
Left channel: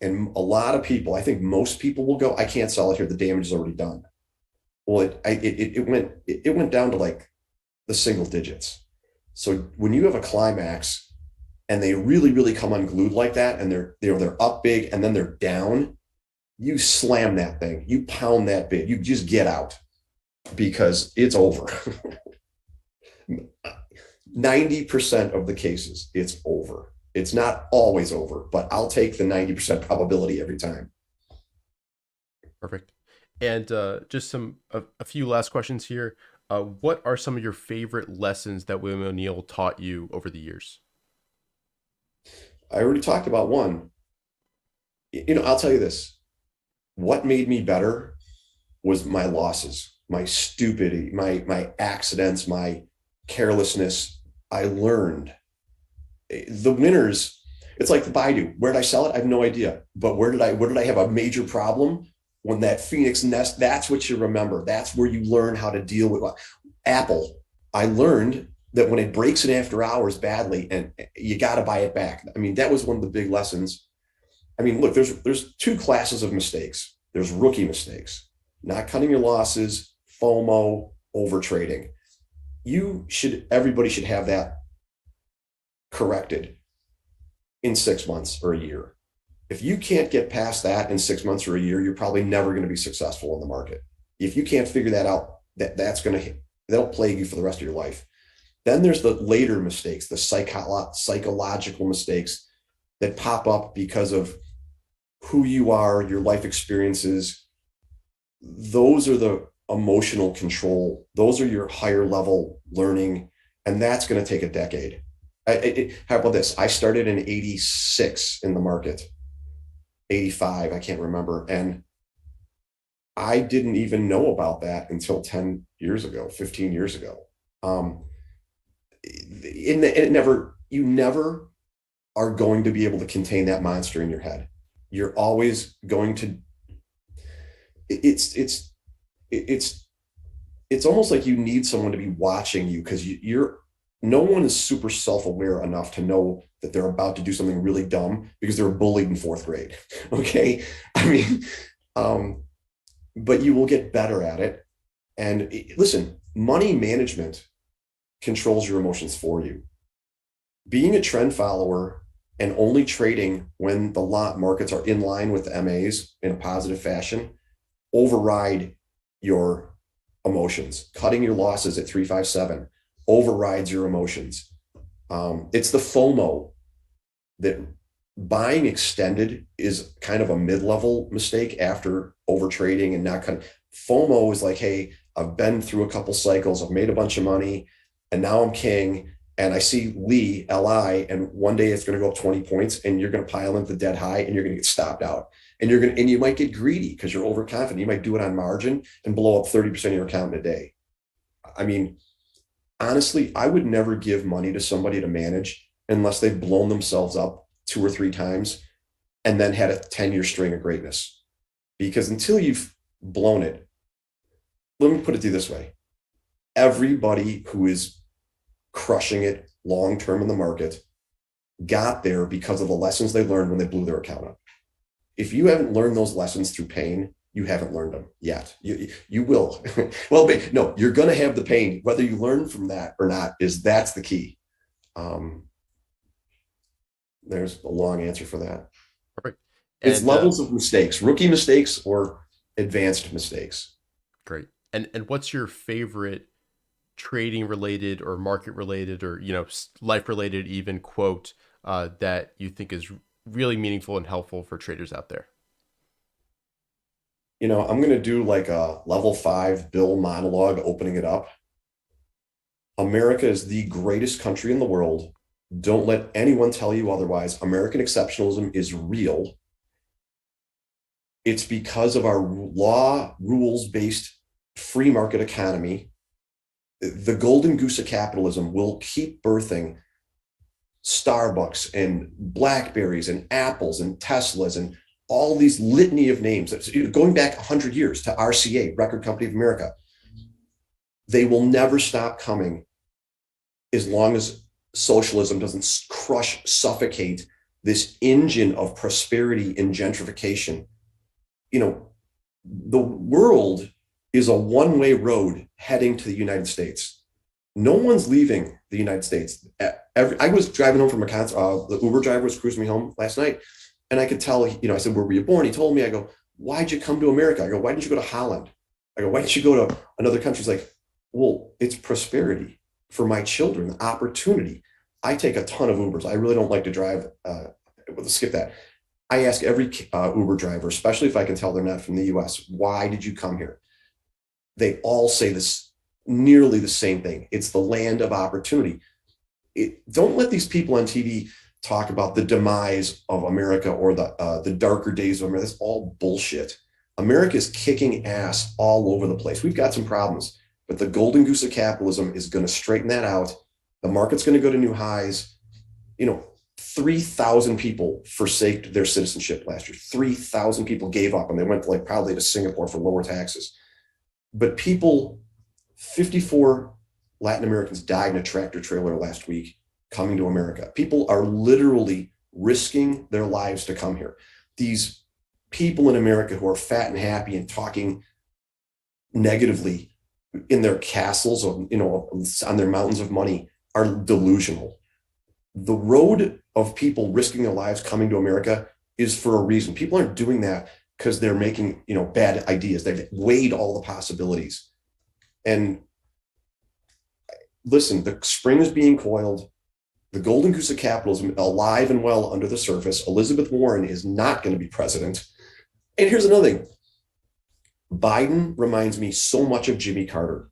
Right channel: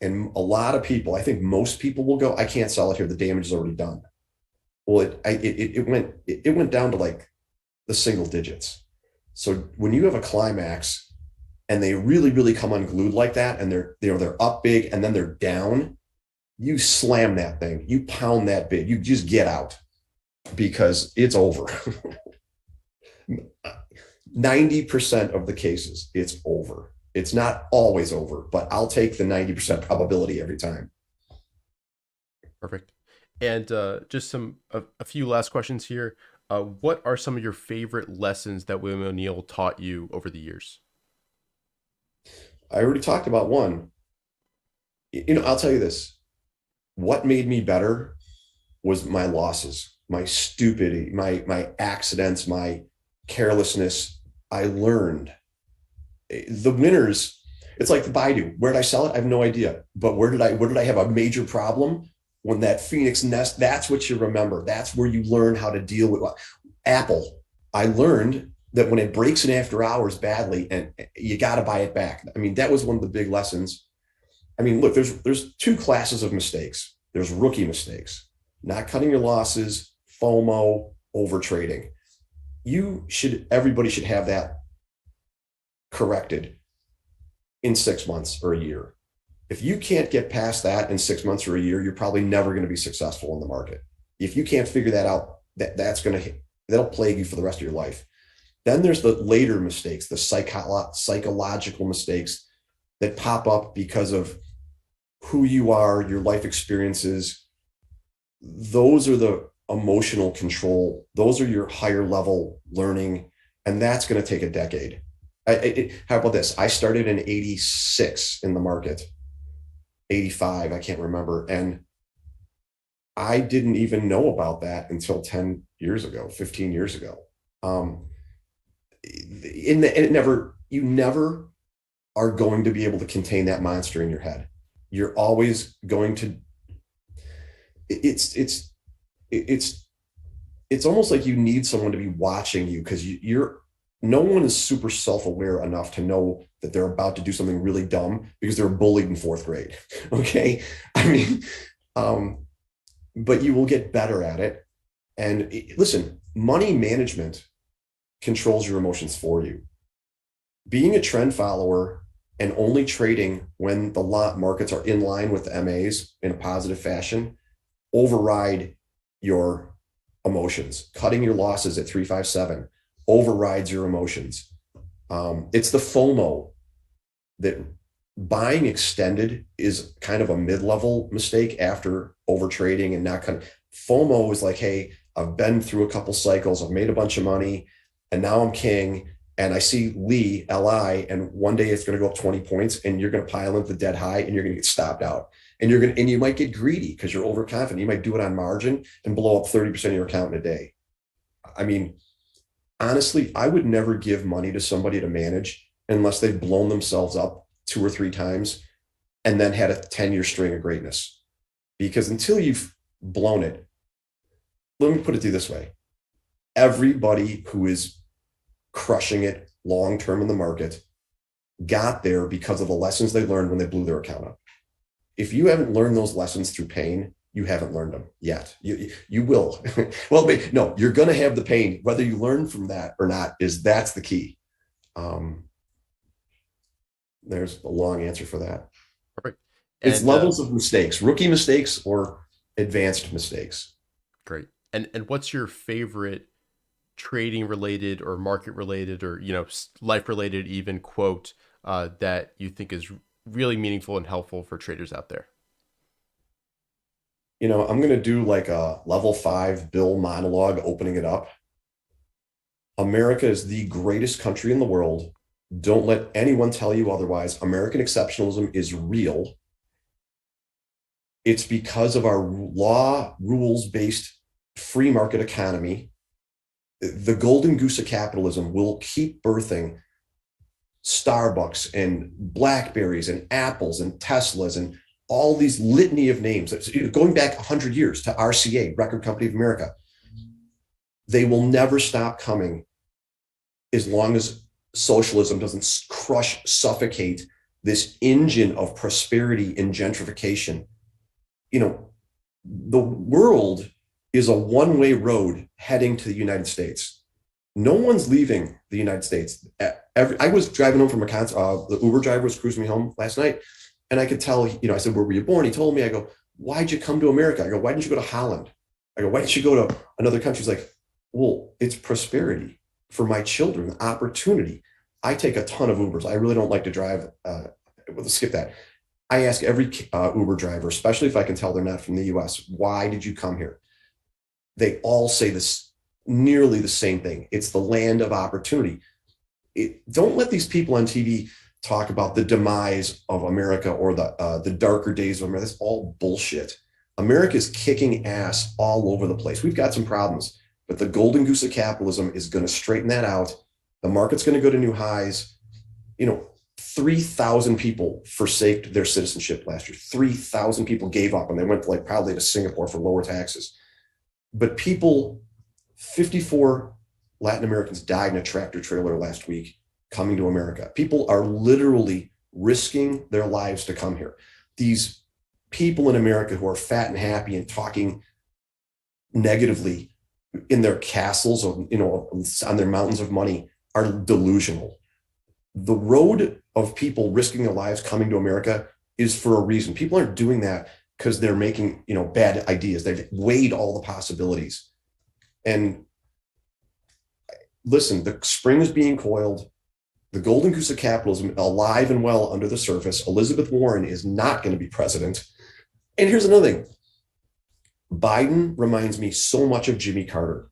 And a lot of people, I think most people will go, I can't sell it here. The damage is already done. Well, it went down to like the single digits. So when you have a climax and they really, really come unglued like that, and they're up big and then they're down, you slam that thing, you pound that bid, you just get out because it's over. 90% of the cases, it's over. It's not always over, but I'll take the 90% probability every time. Perfect. And just a few last questions here. What are some of your favorite lessons that William O'Neill taught you over the years? I already talked about one. I'll tell you this. What made me better was my losses, my stupidity, my accidents, my carelessness. I learned. The winners, it's like the Baidu. Where did I sell it? I have no idea. But where did I have a major problem? When that Phoenix nest, that's what you remember. That's where you learn how to deal with Apple. I learned that when it breaks in after hours badly, and you got to buy it back. I mean, that was one of the big lessons. I mean, look, there's two classes of mistakes. There's rookie mistakes, not cutting your losses, FOMO, over trading. Everybody should have that corrected in 6 months or a year. If you can't get past that in 6 months or a year, you're probably never going to be successful in the market. If you can't figure that out, that'll plague you for the rest of your life. Then there's the later mistakes, the psychological mistakes that pop up because of who you are, your life experiences. Those are the emotional control. Those are your higher level learning. And that's going to take a decade. How about this? I started in 86 in the market, 85, I can't remember. And I didn't even know about that until 10 years ago, 15 years ago. You never are going to be able to contain that monster in your head. You're always going to, it's almost like you need someone to be watching you, because no one is super self-aware enough to know that they're about to do something really dumb because they were bullied in 4th grade. Okay. I mean, but you will get better at it. And listen, money management controls your emotions for you. Being a trend follower and only trading when the markets are in line with the MAs in a positive fashion override your emotions. Cutting your losses at 357 overrides your emotions. It's the FOMO that buying extended is kind of a mid-level mistake after over trading and not kind of. FOMO is like, hey, I've been through a couple cycles, I've made a bunch of money, and now I'm king, and I see LI, and one day it's going to go up 20 points, and you're going to pile into the dead high, and you're going to get stopped out, and you might get greedy because you're overconfident. You might do it on margin and blow up 30% of your account in a day. I mean, honestly, I would never give money to somebody to manage unless they've blown themselves up 2 or 3 times and then had a 10-year string of greatness. Because until you've blown it, let me put it to you this way. Everybody who is crushing it long-term in the market got there because of the lessons they learned when they blew their account up. If you haven't learned those lessons through pain, you haven't learned them yet. You will. Well, no, you're going to have the pain. Whether you learn from that or not, that's the key. There's a long answer for that. Perfect. It's levels of mistakes, rookie mistakes or advanced mistakes. Great. And what's your favorite trading related or market related or, life related even quote that you think is really meaningful and helpful for traders out there? I'm going to do like a level 5 Bill monologue opening it up. America is the greatest country in the world. Don't let anyone tell you otherwise. American exceptionalism is real. It's because of our rules-based free market economy. The golden goose of capitalism will keep birthing Starbucks and Blackberries and Apples and Teslas and all these litany of names, going back 100 years to RCA, Record Company of America. They will never stop coming as long as socialism doesn't suffocate this engine of prosperity and gentrification. The world is a one-way road heading to the United States. No one's leaving the United States. I was driving home from a concert. The Uber driver was cruising me home last night. And I could tell, I said, where were you born? He told me, I go, why'd you come to America? I go, why didn't you go to Holland? I go, why didn't you go to another country? He's like, well, it's prosperity. for my children, the opportunity. I take a ton of Ubers. I really don't like to drive. Skip that. I ask every Uber driver, especially if I can tell they're not from the US, why did you come here? They all say this, nearly the same thing. It's the land of opportunity. Don't let these people on TV talk about the demise of America or the darker days of America. That's all bullshit. America is kicking ass all over the place. We've got some problems, but the golden goose of capitalism is going to straighten that out. The market's going to go to new highs. 3,000 people forsaked their citizenship last year. 3,000 people gave up and they went probably to Singapore for lower taxes. But 54 Latin Americans died in a tractor trailer last week coming to America. People are literally risking their lives to come here. These people in America who are fat and happy and talking negatively in their castles or, on their mountains of money are delusional. The road of people risking their lives coming to America is for a reason. People aren't doing that because they're making, bad ideas. They've weighed all the possibilities. And listen, the spring is being coiled. The golden goose of capitalism alive and well under the surface. Elizabeth Warren is not going to be president. And here's another thing. Biden reminds me so much of Jimmy Carter.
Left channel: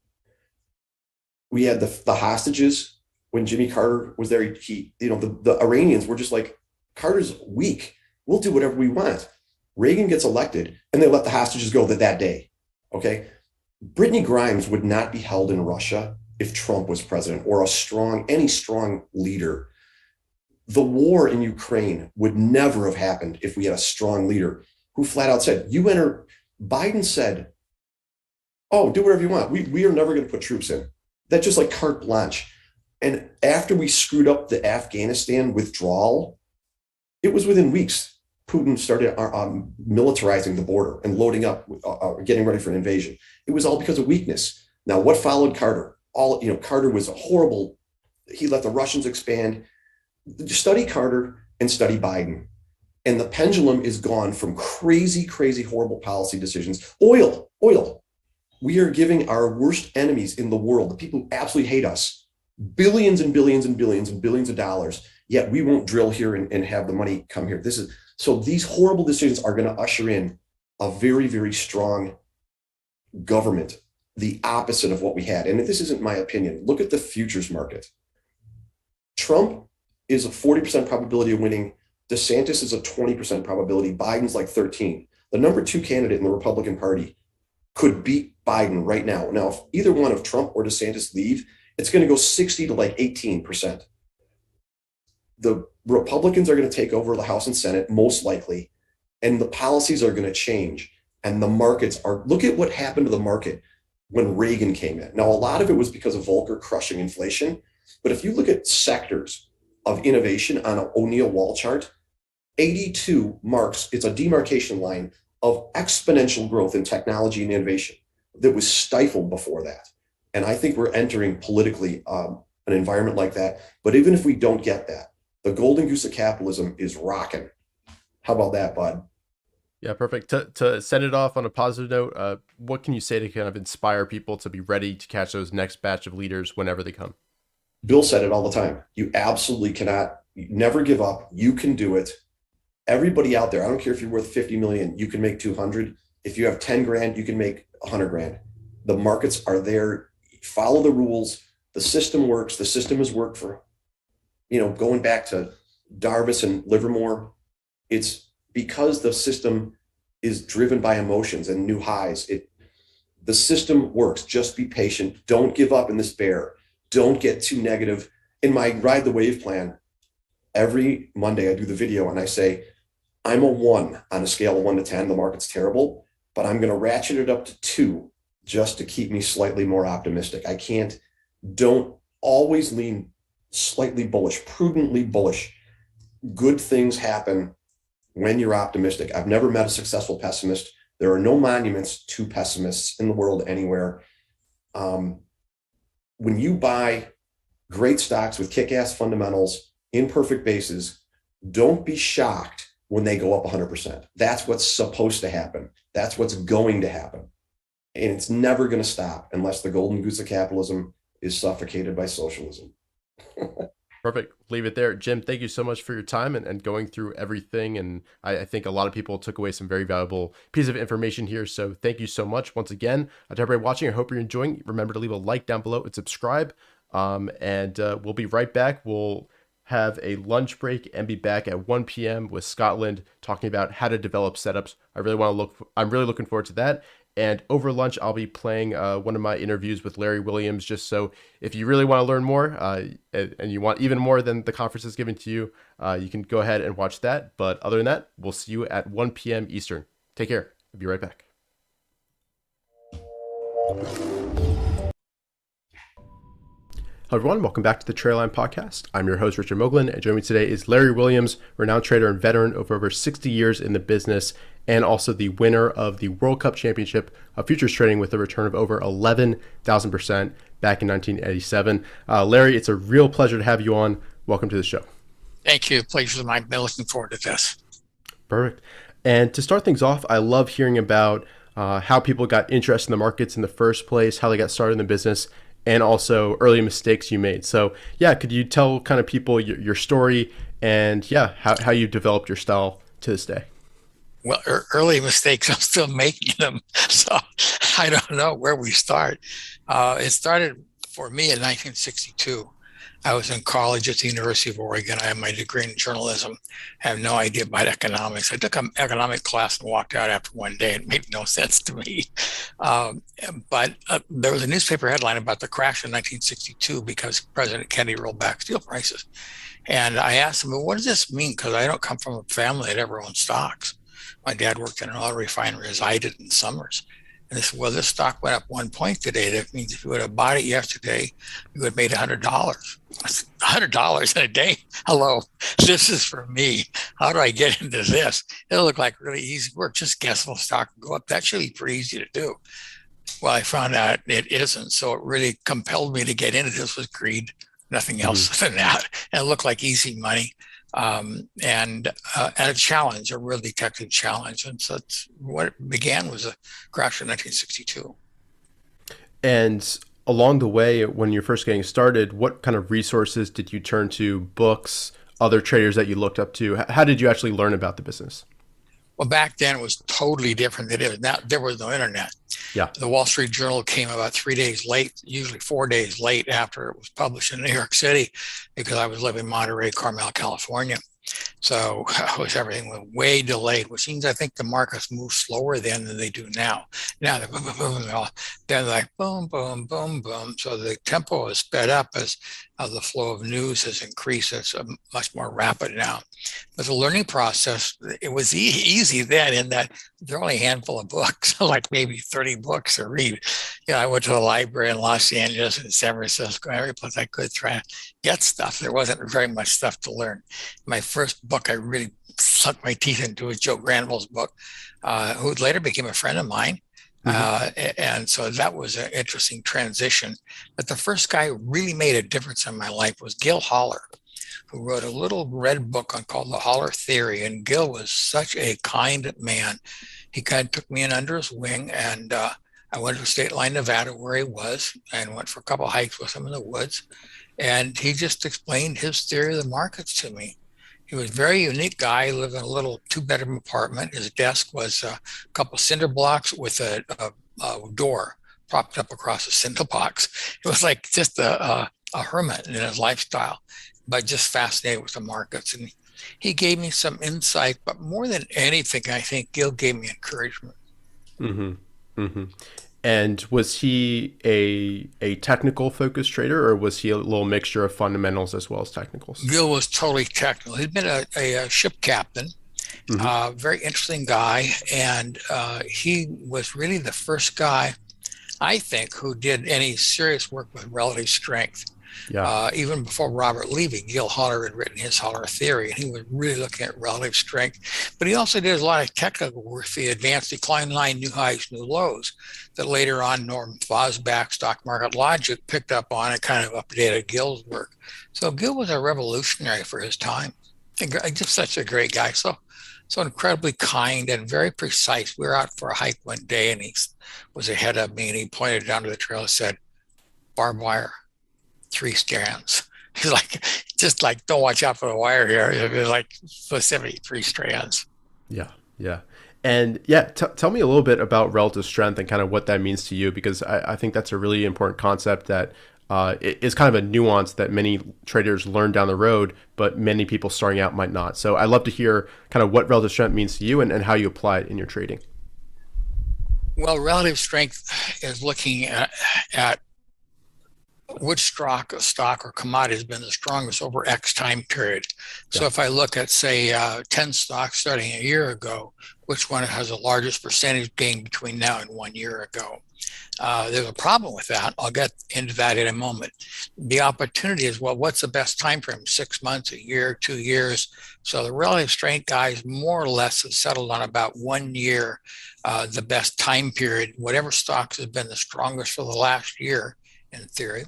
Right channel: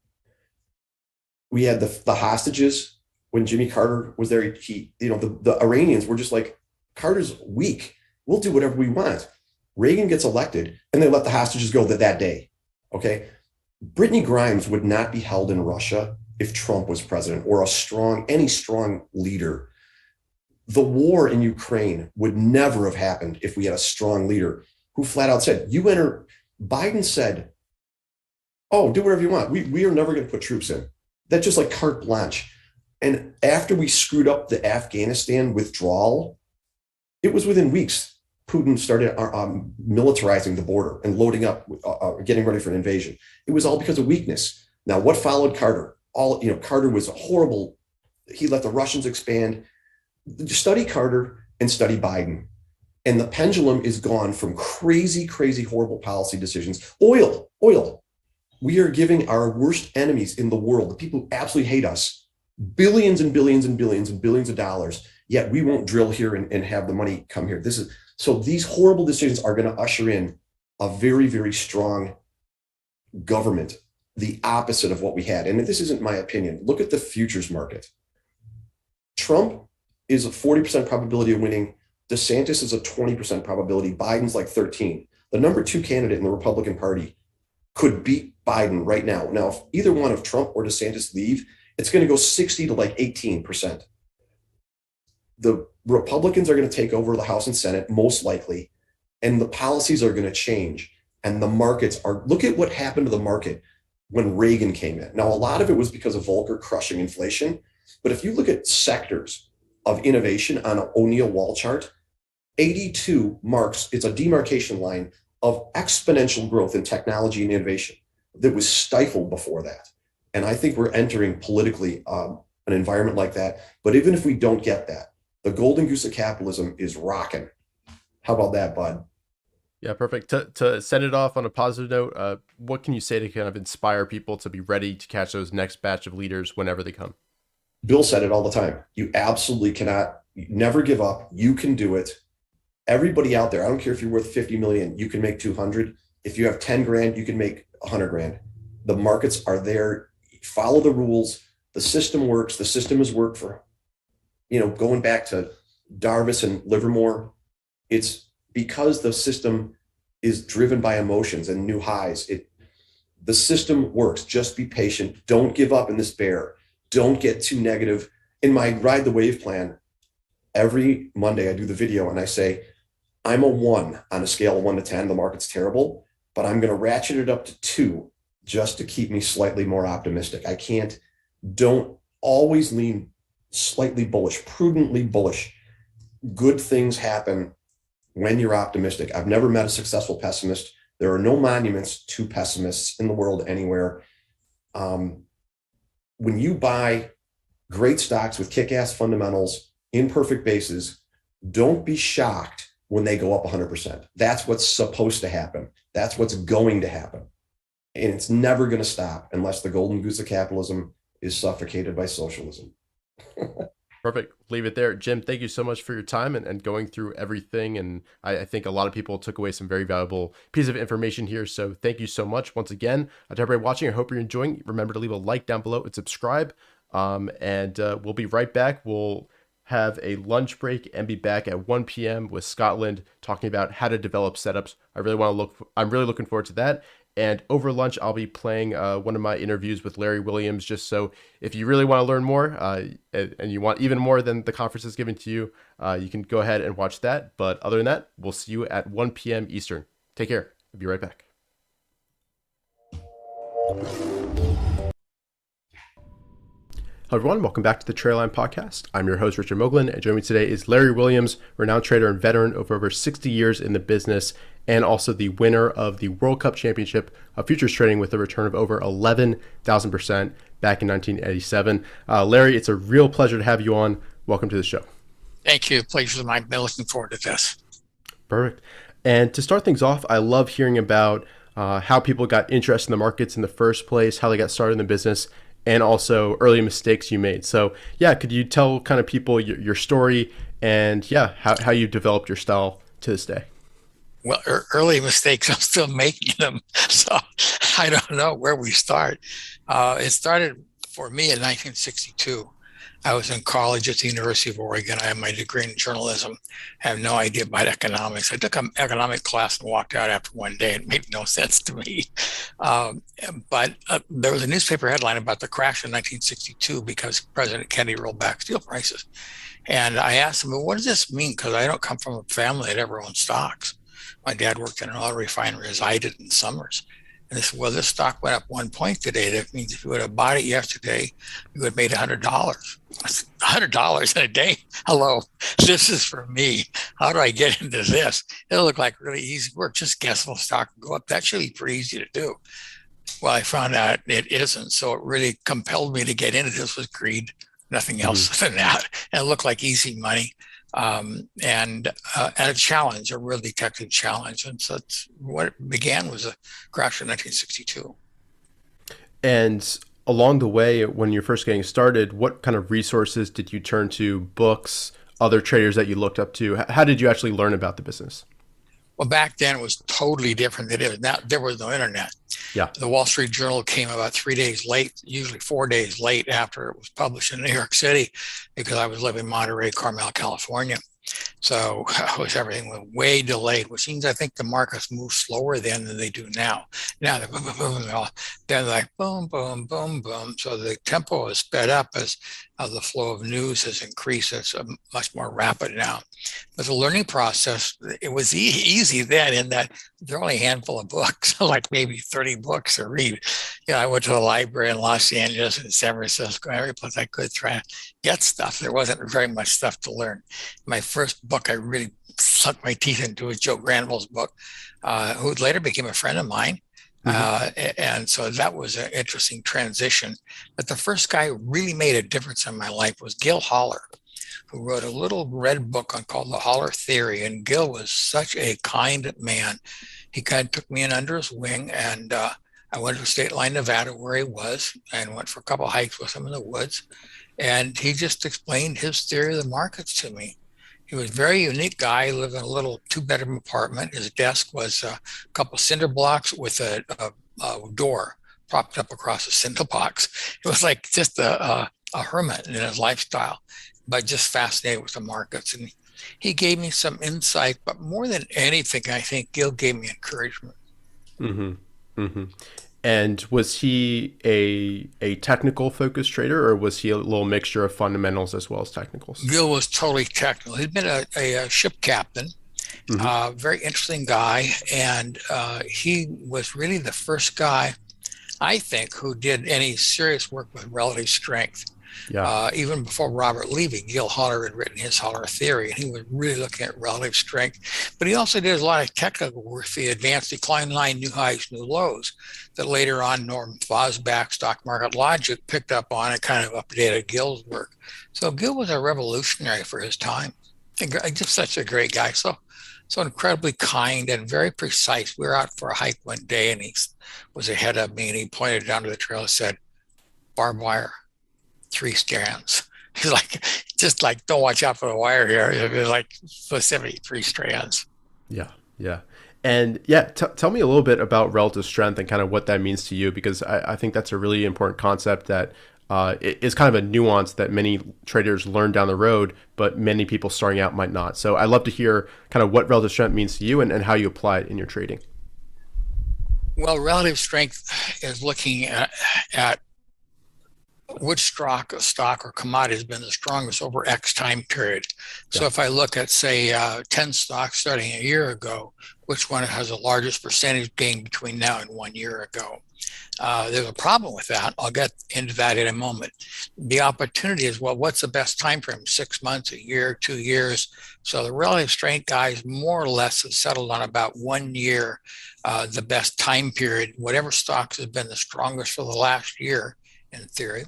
We had the hostages when Jimmy Carter was there. The Iranians were just like, Carter's weak. We'll do whatever we want. Reagan gets elected and they let the hostages go that day. Okay. Brittany Grimes would not be held in Russia if Trump was president or any strong leader. The war in Ukraine would never have happened if we had a strong leader who flat out said, Biden said, oh, do whatever you want. We are never going to put troops in. That's just like carte blanche. And after we screwed up the Afghanistan withdrawal, it was within weeks, Putin started militarizing the border and loading up, getting ready for an invasion. It was all because of weakness. Now, what followed Carter? Carter was a horrible, he let the Russians expand. Study Carter and study Biden. And the pendulum is gone from crazy, crazy, horrible policy decisions. Oil. We are giving our worst enemies in the world, the people who absolutely hate us, billions and billions and billions and billions of dollars, yet we won't drill here and have the money come here. So these horrible decisions are going to usher in a very, very strong government, the opposite of what we had. And this isn't my opinion. Look at the futures market. Trump is a 40% probability of winning. DeSantis is a 20% probability. Biden's like 13. The number 2 candidate in the Republican Party could beat Biden right now. Now, if either one of Trump or DeSantis leave, it's going to go 60 to 18%. The Republicans are going to take over the House and Senate, most likely, and the policies are going to change. And the markets look at what happened to the market when Reagan came in. Now, a lot of it was because of Volcker crushing inflation. But if you look at sectors of innovation on an O'Neill wall chart, 82 it's a demarcation line of exponential growth in technology and innovation that was stifled before that. And I think we're entering politically an environment like that. But even if we don't get that, the golden goose of capitalism is rocking. How about that, bud? Yeah, perfect. To send it off on a positive note, what can you say to kind of inspire people to be ready to catch those next batch of leaders whenever they come? Bill said it all the time. You absolutely cannot, never give up. You can do it. Everybody out there, I don't care if you're worth 50 million, you can make 200. If you have 10 grand, you can make 100 grand. The markets are there. Follow the rules. The system works. The system has worked for, going back to Darvis and Livermore. It's because the system is driven by emotions and new highs. The system works. Just be patient. Don't give up in this bear. Don't get too negative. In my Ride the Wave plan, every Monday I do the video and I say, I'm a 1 on a scale of 1 to 10. The market's terrible, but I'm going to ratchet it up to 2 just to keep me slightly more optimistic. Don't always lean slightly bullish, prudently bullish. Good things happen when you're optimistic. I've never met a successful pessimist. There are no monuments to pessimists in the world anywhere. When you buy great stocks with kick-ass fundamentals, imperfect bases, don't be shocked when they go up 100%. That's what's supposed to happen. That's what's going to happen. And it's never going to stop unless the golden goose of capitalism is suffocated by socialism. Perfect. Leave it there. Jim, thank you so much for your time and going through everything. And I think a lot of people took away some very valuable piece of information here. So thank you so much once again. To everybody watching, I hope you're enjoying. Remember to leave a like down below and subscribe. We'll be right back. We'll have a lunch break and be back at 1 p.m. with Scotland talking about how to develop setups. I'm really looking forward to that. And over lunch, I'll be playing one of my interviews with Larry Williams, just so if you really want to learn more and you want even more than the conference is giving to you, you can go ahead and watch that. But other than that, we'll see you at 1 p.m. Eastern. Take care. I'll be right back. Hello everyone, welcome back to the TraderLion podcast. I'm your host, Richard Moglen, and joining me today is Larry Williams, renowned trader and veteran of over 60 years in the business, and also the winner of the World Cup Championship of futures trading with a return of over 11,000% back in 1987. Larry, it's a real pleasure to have you on. Welcome to the show. Thank you. Pleasure's mine. Been looking forward to this. Perfect. And to start things off, I love hearing about how people got interested in the markets in the first place, how they got started in the business, and also early mistakes you made. So yeah, could you tell kind of people your story and how you developed your style to this day? Well, early mistakes, I'm still making them. So I don't know where we start. It started for me in 1962. I was in college at the University of Oregon. I had my degree in journalism. I have no idea about economics. I took an economic class and walked out after one day. It made no sense to me. But there was a newspaper headline about the crash in 1962 because President Kennedy rolled back steel prices. And I asked him, well, what does this mean? Because I don't come from a family that ever owned stocks. My dad worked in an oil refinery as I did in summers. And they said, well, this stock went up 1 point today. That means if you would have bought it yesterday, you would have made $100. I said, $100 in a day? Hello, this is for me. How do I get into this? It'll look like really easy work. Just guess the stock will go up. That should be pretty easy to do. Well, I found out it isn't. So it really compelled me to get into this with greed, nothing else than that. And it looked like easy money. And a challenge, a real detective challenge. And so that's what it began was a crash in 1962. And along the way, when you're first getting started, what kind of resources did you turn to, books, other traders that you looked up to? How did you actually learn about the business? Well, back then it was totally different than it is now. There was no internet. Yeah. The Wall Street Journal came about 3 days late, usually 4 days late after it was published in New York City, because I was living in Monterey, Carmel, California. So everything was way delayed, which means I think the markets move slower then than they do now. Now they're boom, boom, boom, they're like boom, boom, boom, boom. So the tempo is sped up as the flow of news has increased. It's much more rapid now. But the learning process, it was easy then in that there are only a handful of books, like maybe 30 books to read. You know, I went to the library in Los Angeles and San Francisco, every place I could try to get stuff. There wasn't very much stuff to learn. My first book I really sunk my teeth into was Joe Granville's book, who later became a friend of mine. And so that was an interesting transition. But the first guy who really made a difference in my life was Gil Holler, who wrote a little red book called The Holler Theory. And Gil was such a kind man. He kind of took me in under his wing, and I went to State Line, Nevada, where he was, and went for a couple of hikes with him in the woods. And he just explained his theory of the markets to me. He was a very unique guy. He lived in a little 2-bedroom apartment. His desk was a couple of cinder blocks with a door propped up across a cinder box. It was like just a hermit in his lifestyle, but just fascinated with the markets. And he gave me some insight, but more than anything, I think Gil gave me encouragement. And was he a technical focused trader, or was he a little mixture of fundamentals as well as technicals? Gil was totally technical. He'd been a ship captain, very interesting guy. And he was really the first guy, I think, who did any serious work with relative strength. Yeah. Even before Robert Levy, Gil Holler had written his Holler Theory, and he was really looking at relative strength. But he also did a lot of technical work, the advanced decline line, new highs, new lows, that later on Norm Fosback, Stock Market Logic, picked up on and kind of updated Gil's work. So Gil was a revolutionary for his time. And just such a great guy. So incredibly kind and very precise. We were out for a hike one day, and he was ahead of me, and he pointed down to the trail and said, barbed wire. three strands. He's like, just like, don't watch out for the wire here. It's like specific three strands. Yeah, yeah. And yeah, tell me a little bit about relative strength and kind of what that means to you, because I think that's a really important concept that is kind of a nuance that many traders learn down the road, but many people starting out might not. So I'd love to hear kind of what relative strength means to you and how you apply it in your trading. Well, relative strength is looking at which stock or commodity has been the strongest over X time period. So if I look at, say, 10 stocks starting a year ago, which one has the largest percentage gain between now and 1 year ago? There's a problem with that. I'll get into that in a moment. The opportunity is, well, what's the best time frame? 6 months, a year, 2 years? So the relative strength guys more or less have settled on about 1 year, the best time period. Whatever stocks have been the strongest for the last year, in theory,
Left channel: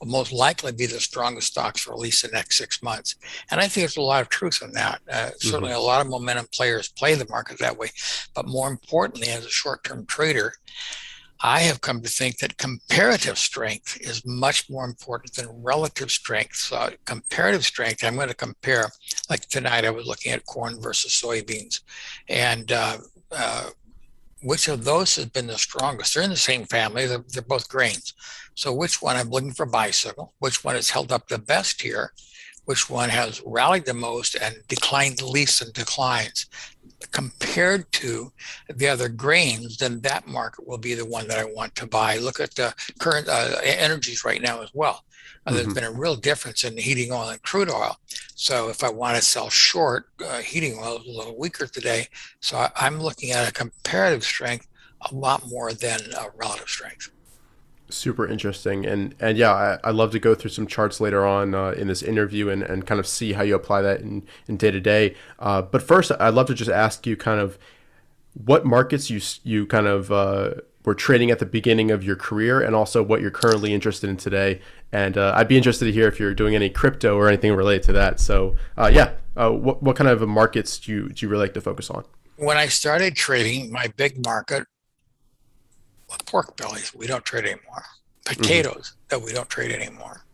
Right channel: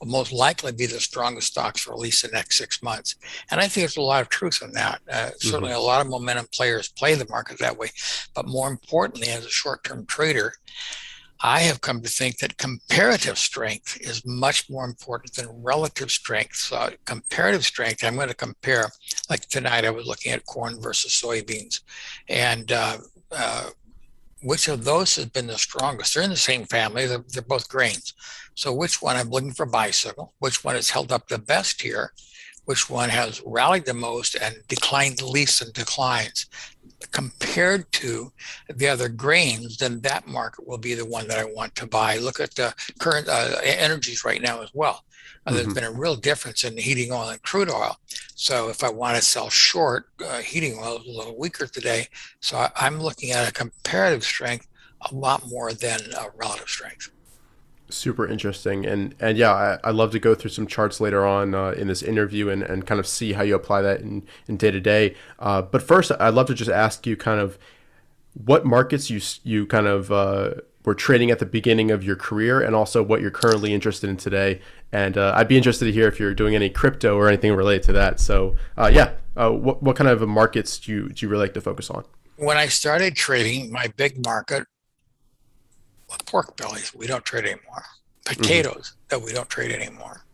will most likely be the strongest stocks for at least the next 6 months. And I think there's a lot of truth in that. Certainly a lot of momentum players play the market that way. But more importantly, as a short-term trader, I have come to think that comparative strength is much more important than relative strength. So comparative strength, I'm going to compare, like tonight I was looking at corn versus soybeans. And which of those has been the strongest? They're in the same family. They're both grains. So which one I'm looking for bicycle? Which one has held up the best here? Which one has rallied the most and declined the least in declines? Compared to the other grains, then that market will be the one that I want to buy. Look at the current energies right now as well. There's been a real difference in heating oil and crude oil. So if I want to sell short, heating oil is a little weaker today. So I'm looking at a comparative strength a lot more than a relative strength. Super interesting. And yeah, I'd love to go through some charts later on in this interview and kind of see how you apply that in day to day. But first, I'd love to just ask you kind of what markets you kind of were trading at the beginning of your career, and also what you're currently interested in today. And I'd be interested to hear if you're doing any crypto or anything related to that. So what kind of markets do you really like to focus on? When I started trading, my big market, pork bellies, we don't trade anymore. Potatoes, that we don't trade anymore.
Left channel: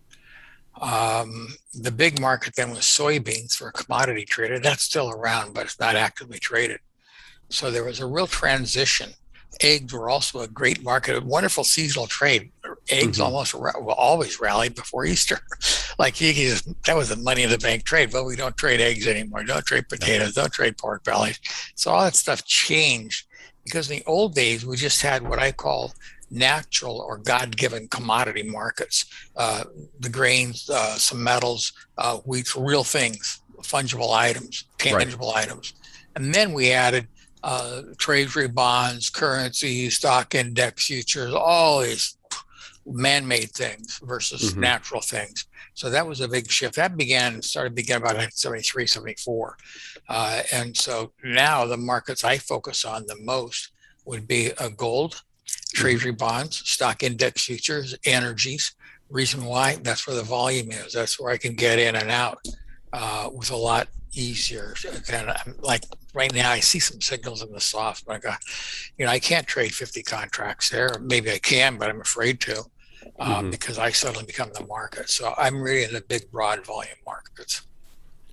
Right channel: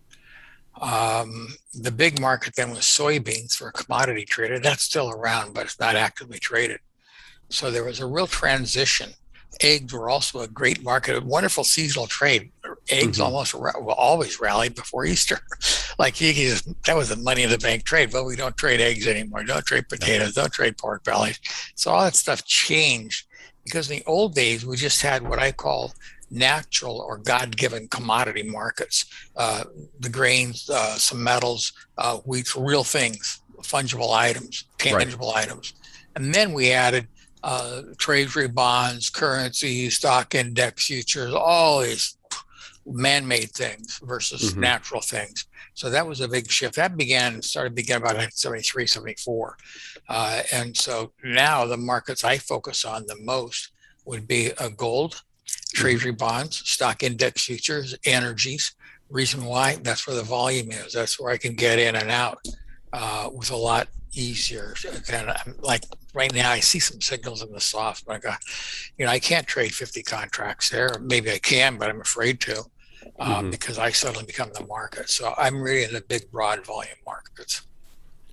The big market then was soybeans for a commodity trader. That's still around, but it's not actively traded. So there was a real transition. Eggs were also a great market, a wonderful seasonal trade. Eggs almost will always rally before Easter. Like that was a money in the bank trade. But we don't trade eggs anymore. Don't trade potatoes. Don't trade pork bellies. So all that stuff changed. Because in the old days, we just had what I call natural or God-given commodity markets. The grains, some metals, wheat, real things, fungible items, tangible items. And then we added treasury bonds, currencies, stock index futures, all these man-made things versus natural things. So that was a big shift. That started about 1973, 74. And so now the markets I focus on the most would be gold, treasury bonds, stock index futures, energies. Reason why? That's where the volume is. That's where I can get in and out with a lot easier. And like right now, I see some signals in the soft, but I can't trade 50 contracts there. Maybe I can, but I'm afraid to. Because I suddenly become the market. So I'm really in the big, broad volume markets.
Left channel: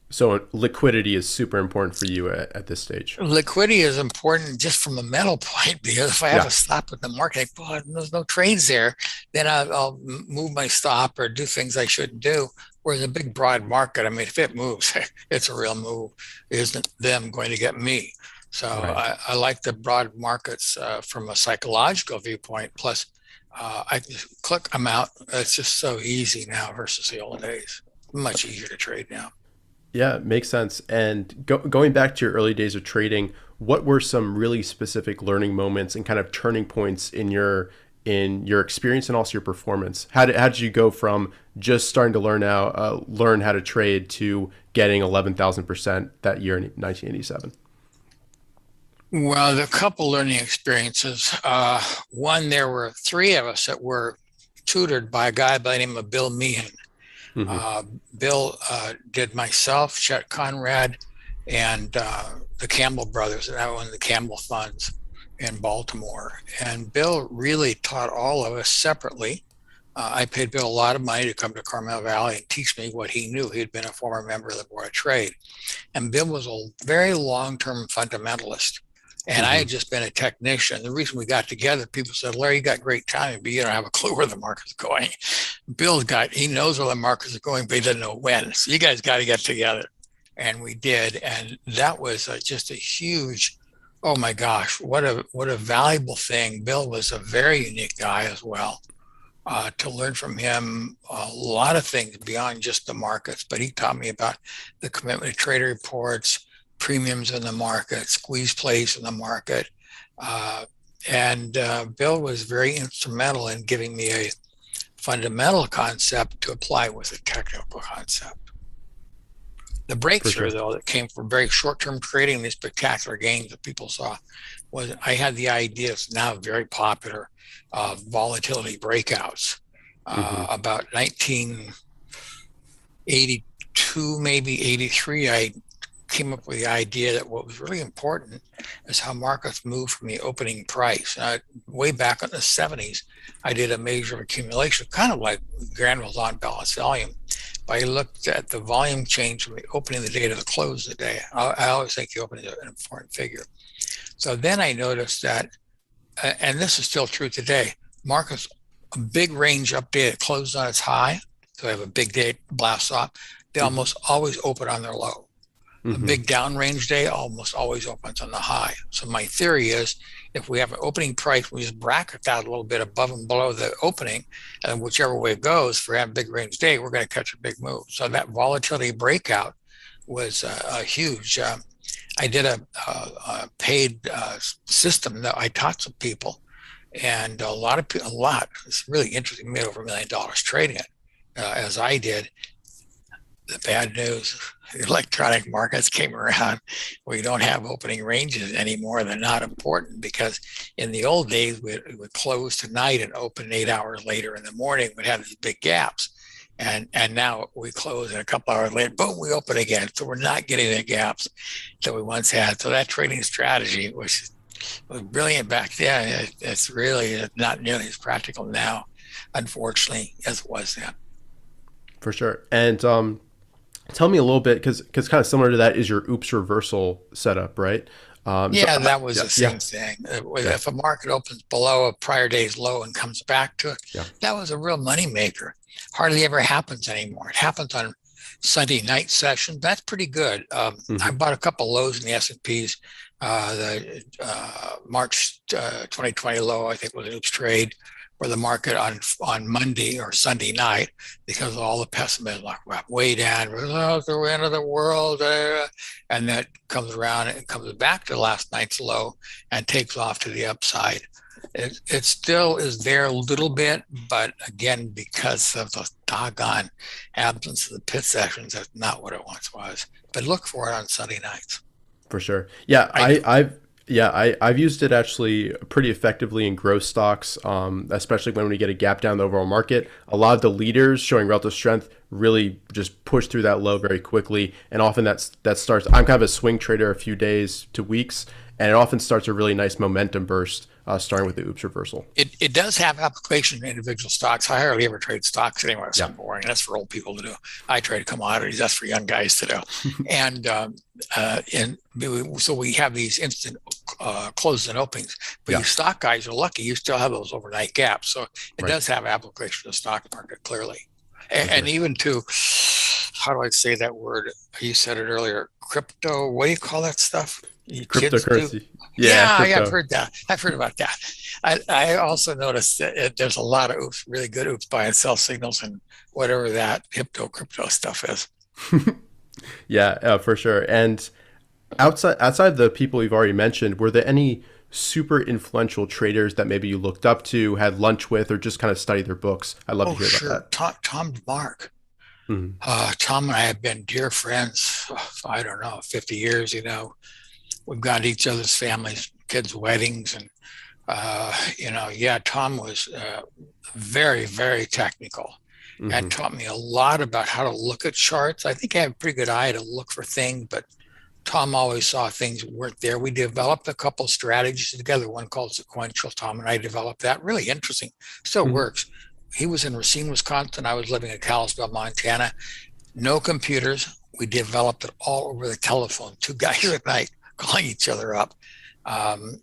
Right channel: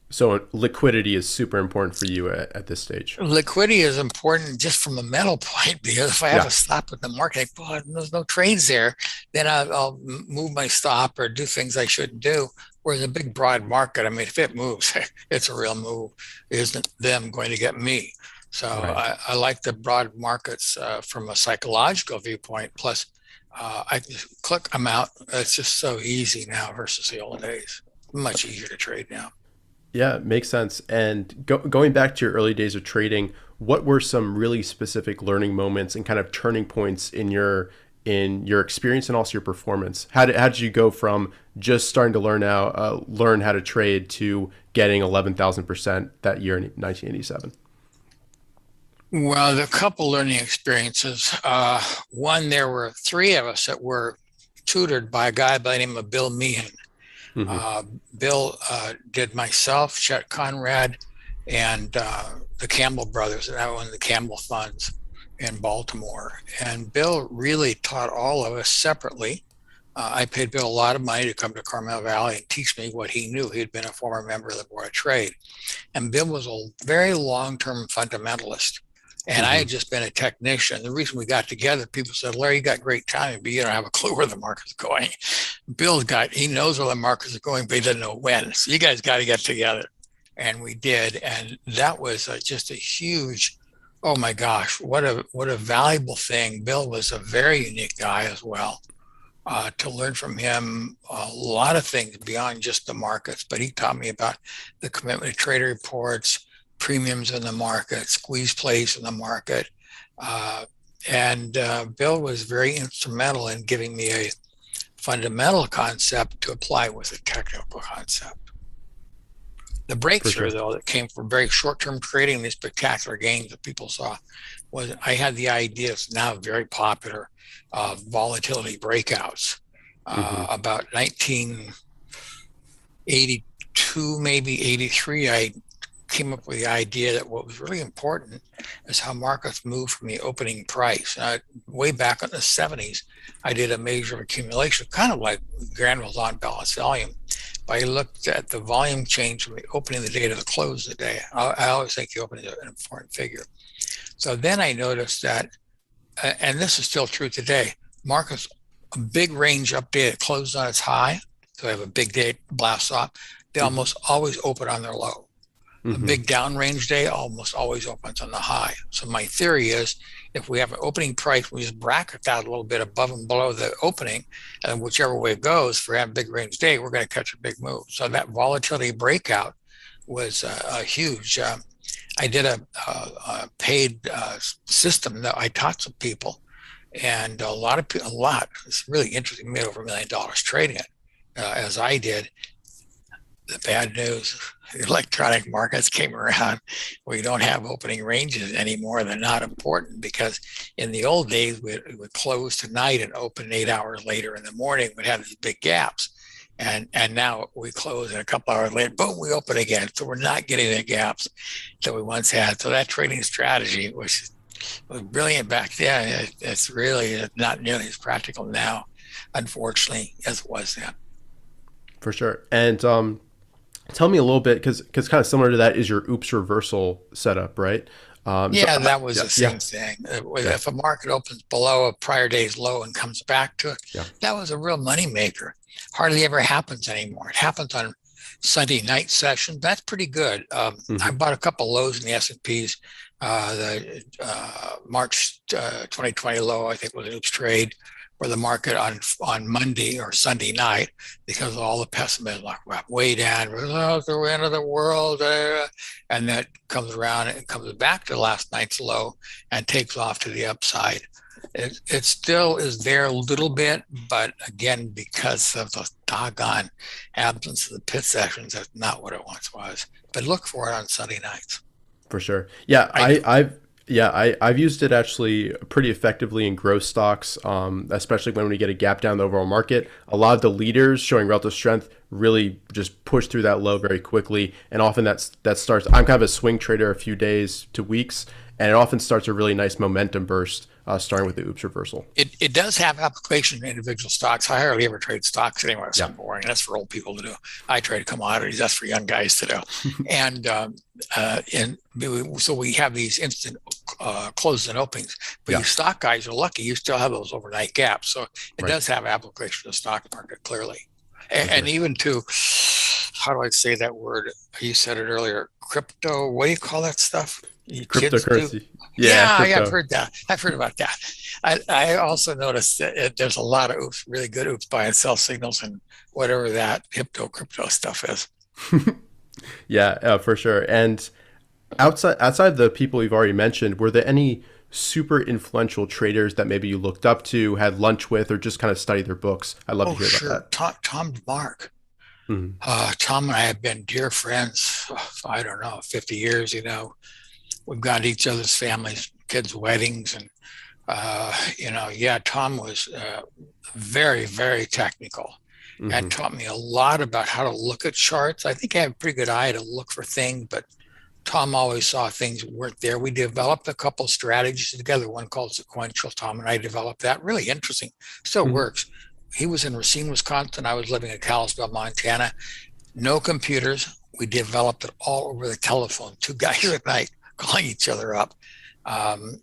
So liquidity is super important for you at this stage. Liquidity is important just from a mental point, because if I have a stop with the market, there's no trades there, then I'll move my stop or do things I shouldn't do. Whereas a big, broad market, I mean, if it moves, it's a real move. It isn't them going to get me. So I like the broad markets from a psychological viewpoint. Plus, I just click, I'm out. It's just so easy now versus the old days. Much easier to trade now. Yeah, makes sense. And going back to your early days of trading, what were some really specific learning moments and kind of turning points in your experience and also your performance? How did you go from just starting to learn how to trade to getting 11,000% that year in 1987? Well, there are a couple learning experiences. One, there were three of us that were tutored by a guy by the name of Bill Meehan. Bill did myself, Chet Conrad, and the Campbell brothers, that owned the Campbell funds in Baltimore. And Bill really taught all of us separately I paid Bill a lot of money to come to Carmel Valley and teach me what he knew. He had been a former member of the Board of Trade. And Bill was a very long-term fundamentalist. And I had just been a technician. The reason we got together, people said, Larry, you got great timing, but you don't have a clue where the market's going. He knows where the markets are going, but he doesn't know when. So you guys got to get together. And we did. And that was just a huge, oh my gosh, what a valuable thing. Bill was a very unique guy as well. To learn from him a lot of things beyond just the markets, but he taught me about the commitment to trader reports, premiums in the market, squeeze plays in the market. Bill was very instrumental in giving me a fundamental concept to apply with a technical concept. The breakthrough, though, that came from very short-term trading, these spectacular gains that people saw, was I had the idea, it's now very popular, volatility breakouts. About 1982, maybe 83, I came up with the idea that what was really important is how markets move from the opening price. Way back in the 70s, I did a measure of accumulation, kind of like Granville's on balance volume. But I looked at the volume change from the opening of the day to the close of the day. I always think the opening is an important figure. So then I noticed that, and this is still true today, markets, a big range up day, it closed on its high. So I have a big day blast off. They almost always open on their low. A big downrange day almost always opens on the high. So my theory is if we have an opening price, we just bracket that a little bit above and below the opening, and whichever way it goes, for a big range day, we're going to catch a big move. So that volatility breakout was a huge. I did a paid system that I taught some people, and a lot. It's really interesting. Made over $1 million trading it, as I did. The bad news, the electronic markets came around where you don't have opening ranges anymore. They're not important because in the old days, we would close tonight and open 8 hours later in the morning. We'd have these big gaps. And now we close and a couple hours later, boom, we open again. So we're not getting the gaps that we once had. So that trading strategy was brilliant back then. It's really not nearly as practical now, unfortunately, as it was then. For sure. And tell me a little bit, because kind of similar to that is your oops reversal setup, right? That was the same thing. If a market opens below a prior day's low and comes back to it, that was a real money maker. Hardly ever happens anymore. It happens on Sunday night session. That's pretty good. I bought a couple lows in the S&Ps. The March 2020 low, I think, was an oops trade, where the market on Monday or Sunday night, because of all the pessimism, like way down, the end of the world, and that comes around and comes back to last night's low and takes off to the upside. It still is there a little bit, but again, because of the doggone absence of the pit sessions, that's not what it once was. But look for it on Sunday nights. For sure. Yeah, I've used it actually pretty effectively in growth stocks, especially when we get a gap down the overall market. A lot of the leaders showing relative strength really just push through that low very quickly. And often that starts, I'm kind of a swing trader a few days to weeks, and it often starts a really nice momentum burst starting with the oops reversal. It does have application in individual stocks. I hardly ever trade stocks anymore. It's boring. That's for old people to do. I trade commodities. That's for young guys to do. So we have these instant closes and openings. But you stock guys are lucky. You still have those overnight gaps. So it does have application to the stock market, clearly. And even to, how do I say that word? You said it earlier. Crypto, what do you call that stuff? Cryptocurrency. I've heard that. I've heard about that. I also noticed that there's a lot of oops, really good oops buy and sell signals and whatever that crypto stuff is. For sure. And outside the people you've already mentioned, were there any super influential traders that maybe you looked up to, had lunch with, or just kind of studied their books? I'd love to hear about that. Tom DeMark. Tom and I have been dear friends, I don't know, 50 years, We've gone to each other's families, kids' weddings, and Tom was very, very technical and taught me a lot about how to look at charts. I think I have a pretty good eye to look for things, but Tom always saw things weren't there. We developed a couple strategies together, one called sequential. Tom and I developed that. Really interesting. Still works. he was in Racine, Wisconsin. I was living in Kalispell, Montana. No computers. We developed it all over the telephone. Two guys at night calling each other up. Tom,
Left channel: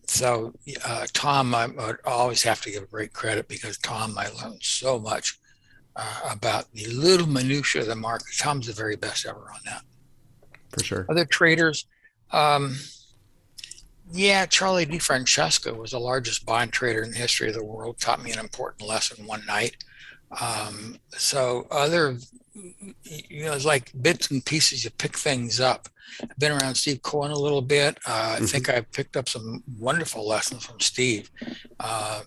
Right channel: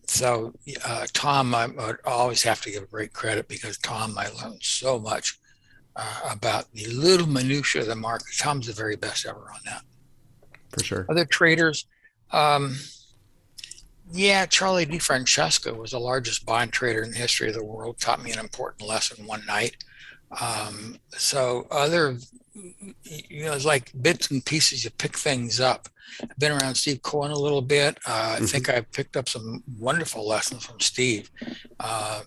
I would always have to give great credit, because Tom, I learned so much about the little minutiae of the market. Tom's the very best ever on that. For sure. Other traders, Charlie DeFrancesco was the largest bond trader in the history of the world. Taught me an important lesson one night. So other, it's like bits and pieces, you pick things up. I've been around Steve Cohen a little bit. I think I picked up some wonderful lessons from Steve.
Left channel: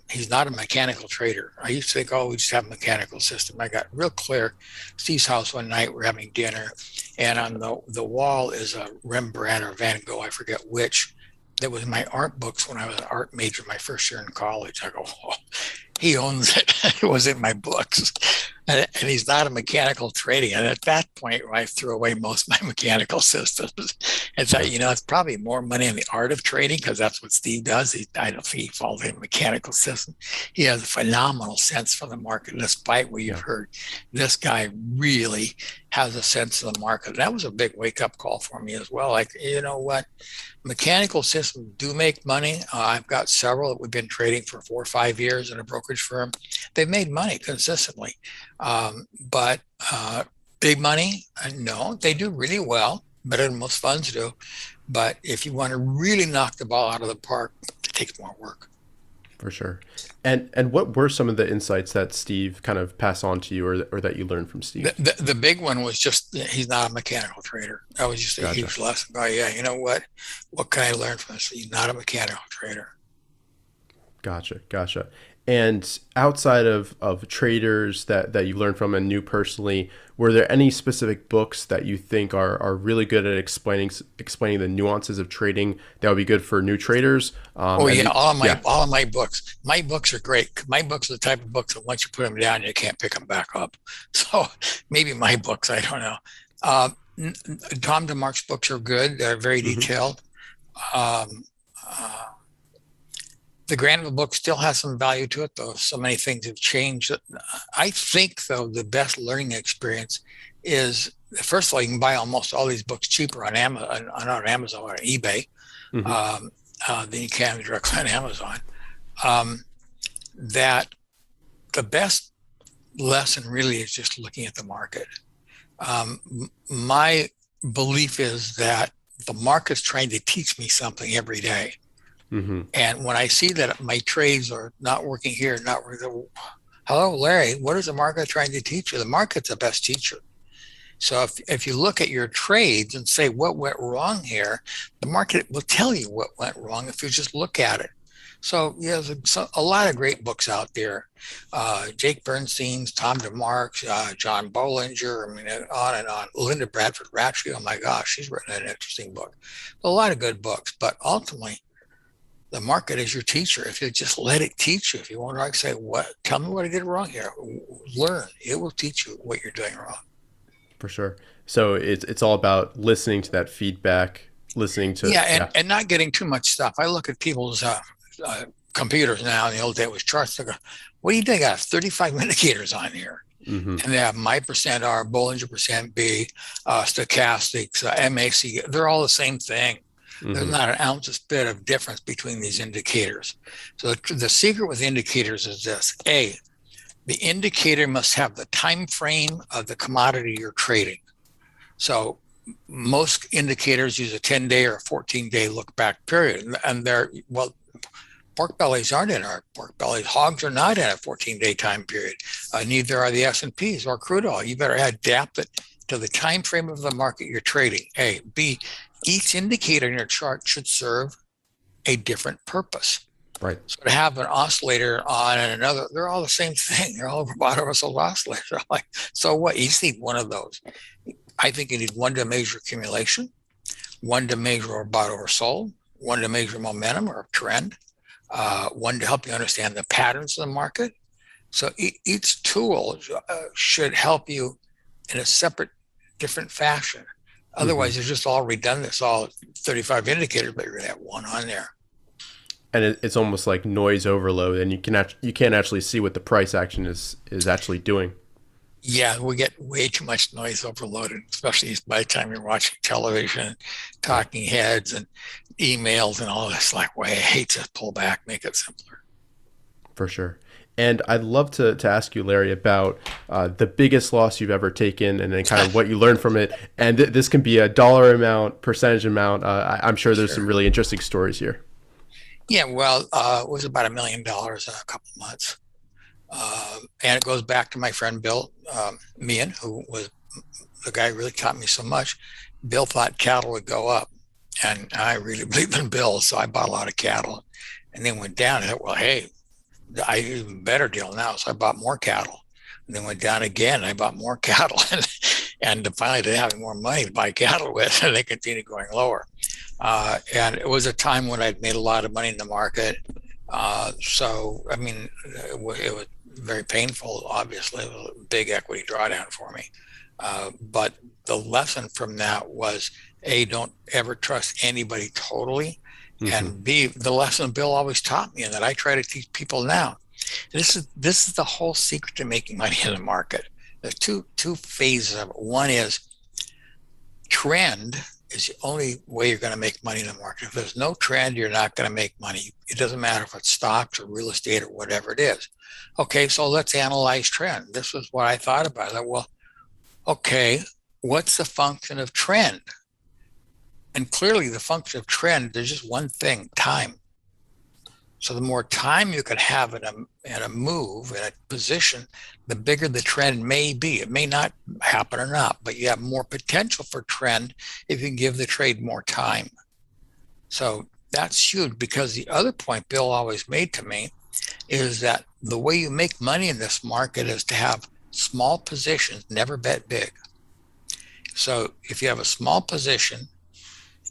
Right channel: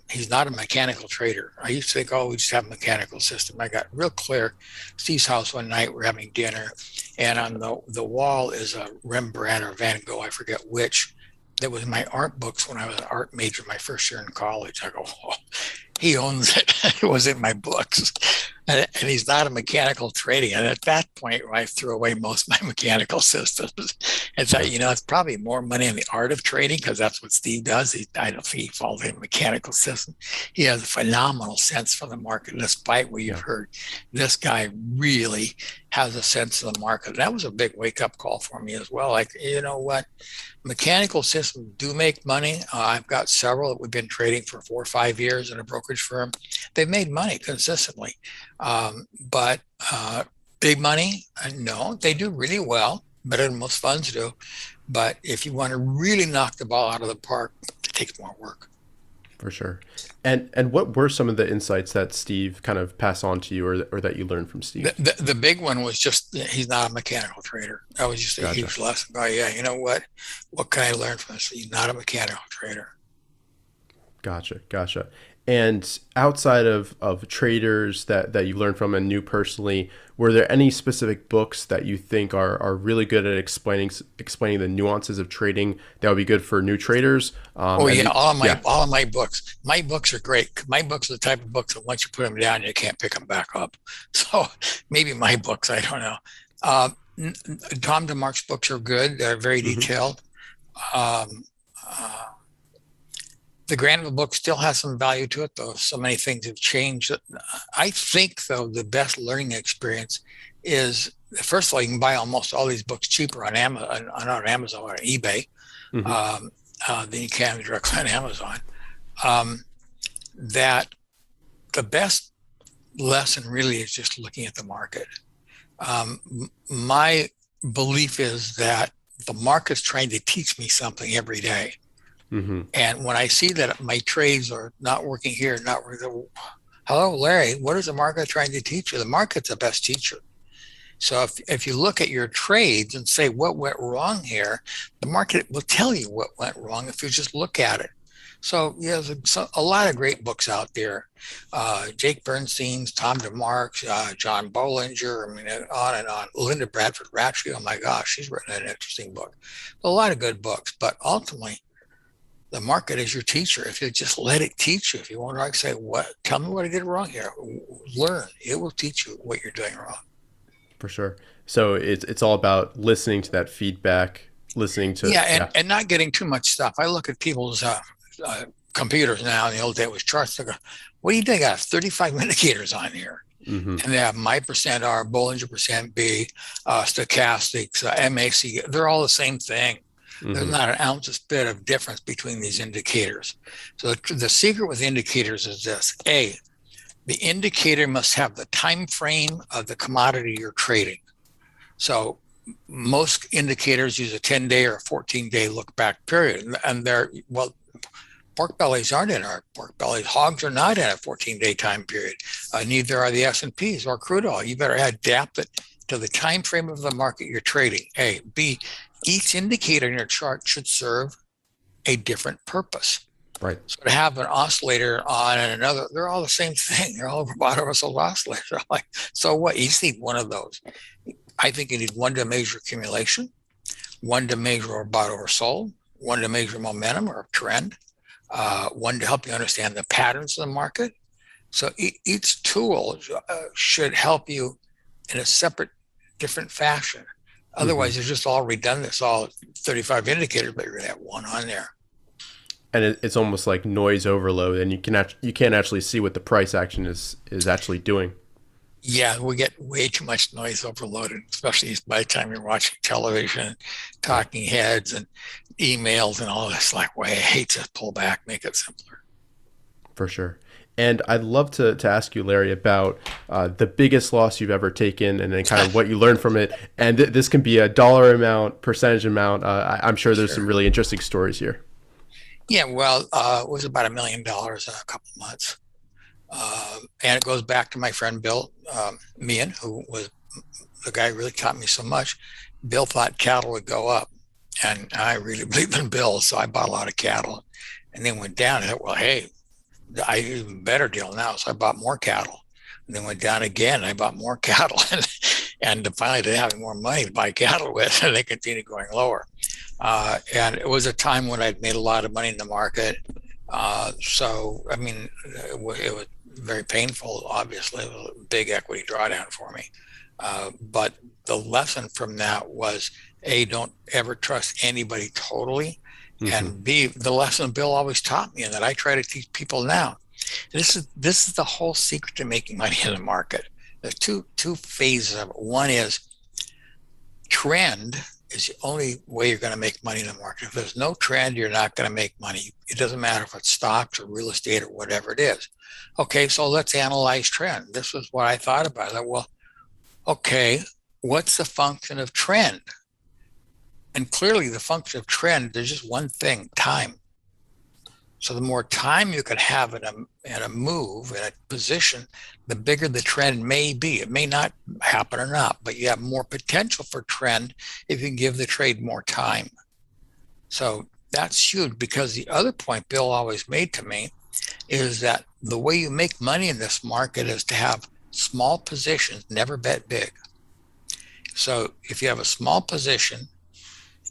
He's not a mechanical trader. I used to think, we just have a mechanical system. I got real clear. Steve's house one night, we're having dinner, and on the wall is a Rembrandt or Van Gogh, I forget which. That was my art books when I was an art major my first year in college. I go, he owns it. It was in my books. And he's not a mechanical trading. And at that point, I threw away most of my mechanical systems and thought, it's probably more money in the art of trading, because that's what Steve does. I don't think he falls in a mechanical system. He has a phenomenal sense for the market, despite what you've heard. This guy really has a sense of the market. That was a big wake-up call for me as well. Like, you know what? Mechanical systems do make money. I've got several that we've been trading for 4 or 5 years in a brokerage firm. They've made money consistently. But big money, no, they do really well, better than most funds do. But if you want to really knock the ball out of the park, it takes more work. For sure. And what were some of the insights that Steve kind of passed on to you, or that you learned from Steve? The big one was just, he's not a mechanical trader. That was just a huge lesson. You know what? What can I learn from this? He's not a mechanical trader. Gotcha. And outside of traders that you learned from and knew personally, were there any specific books that you think are really good at explaining the nuances of trading that would be good for new traders? All of my books. My books are great. My books are the type of books that once you put them down, you can't pick them back up. So maybe my books, I don't know. Tom DeMarc's books are good. They're very detailed. The Granville book still has some value to it, though so many things have changed. I think, though, the best learning experience is, first of all, you can buy almost all these books cheaper on Amazon, or on eBay, than you can directly on Amazon. That the best lesson really is just looking at the market. My belief is that the market's trying to teach me something every day. And when I see that my trades are not working here, hello, Larry, what is the market trying to teach you? The market's the best teacher. So if you look at your trades and say, what went wrong here, the market will tell you what went wrong if you just look at it. So there's a lot of great books out there. Jake Bernstein's, Tom DeMarc's, John Bollinger, on and on. Linda Bradford Ratchey, oh my gosh, she's written an interesting book. A lot of good books, but ultimately, the market is your teacher. If you just let it teach you, if you want to say, tell me what I did wrong here, learn. It will teach you what you're doing wrong. For sure. So it's all about listening to that feedback, and not getting too much stuff. I look at people's computers now. In the old day it was charts. I go, what do you think? I have 35 indicators on here. And they have my percent R, Bollinger percent B, stochastics, MAC. They're all the same thing. There's not an ounce's bit of difference between these indicators. So the secret with indicators is this: A, the indicator must have the time frame of the commodity you're trading. So most indicators use a 10-day or a 14-day look-back period, and pork bellies aren't in our pork bellies. Hogs are not in a 14-day time period. Neither are the S&Ps or crude oil. You better adapt it to the time frame of the market you're trading. A, B, each indicator in your chart should serve a different purpose. Right. So to have an oscillator on and another, they're all the same thing. They're all Roboto Russell oscillators. So what? You just need one of those. I think you need one to measure accumulation, one to measure Roboto or sold, one to measure momentum or trend, one to help you understand the patterns of the market. So each tool should help you in a separate, different fashion. Otherwise, it's just all redundant. It's all 35 indicators, but you're going to have one on there. And it's almost like noise overload, and you can't actually see what the price action is actually doing. Yeah, we get way too much noise overloaded, especially by the time you're watching television, talking heads and emails and all this. Like, way I hate to pull back, make it simpler. For sure. And I'd love to ask you, Larry, about the biggest loss you've ever taken, and then kind of what you learned from it. And this can be a dollar amount, percentage amount. I'm sure there's some really interesting stories here. Yeah, well, it was about $1 million in a couple of months. And it goes back to my friend Bill Meehan, who was the guy who really taught me so much. Bill thought cattle would go up, and I really believed in Bill, so I bought a lot of cattle. And then went down, and I thought, well, hey, I even better deal now, so I bought more cattle. And then went down again, and I bought more cattle, and finally didn't have any more money to buy cattle with, and they continued going lower. And it was a time when I'd made a lot of money in the market. So, I mean, it was very painful, obviously. It was a big equity drawdown for me. But the lesson from that was, A, don't ever trust anybody totally. Mm-hmm. And B, the lesson Bill always taught me and that I try to teach people now. This is the whole secret to making money in the market. There's two phases of it. One is trend is the only way you're going to make money in the market. If there's no trend, you're not going to make money. It doesn't matter if it's stocks or real estate or whatever it is. Okay, so let's analyze trend. This was what I thought about. I thought, well, okay, what's the function of trend? And clearly the function of trend, there's just one thing, time. So the more time you can have in a move, in a position, the bigger the trend may be. It may not happen or not, but you have more potential for trend if you can give the trade more time. So that's huge, because the other point Bill always made to me is that the way you make money in this market is to have small positions, never bet big. So if you have a small position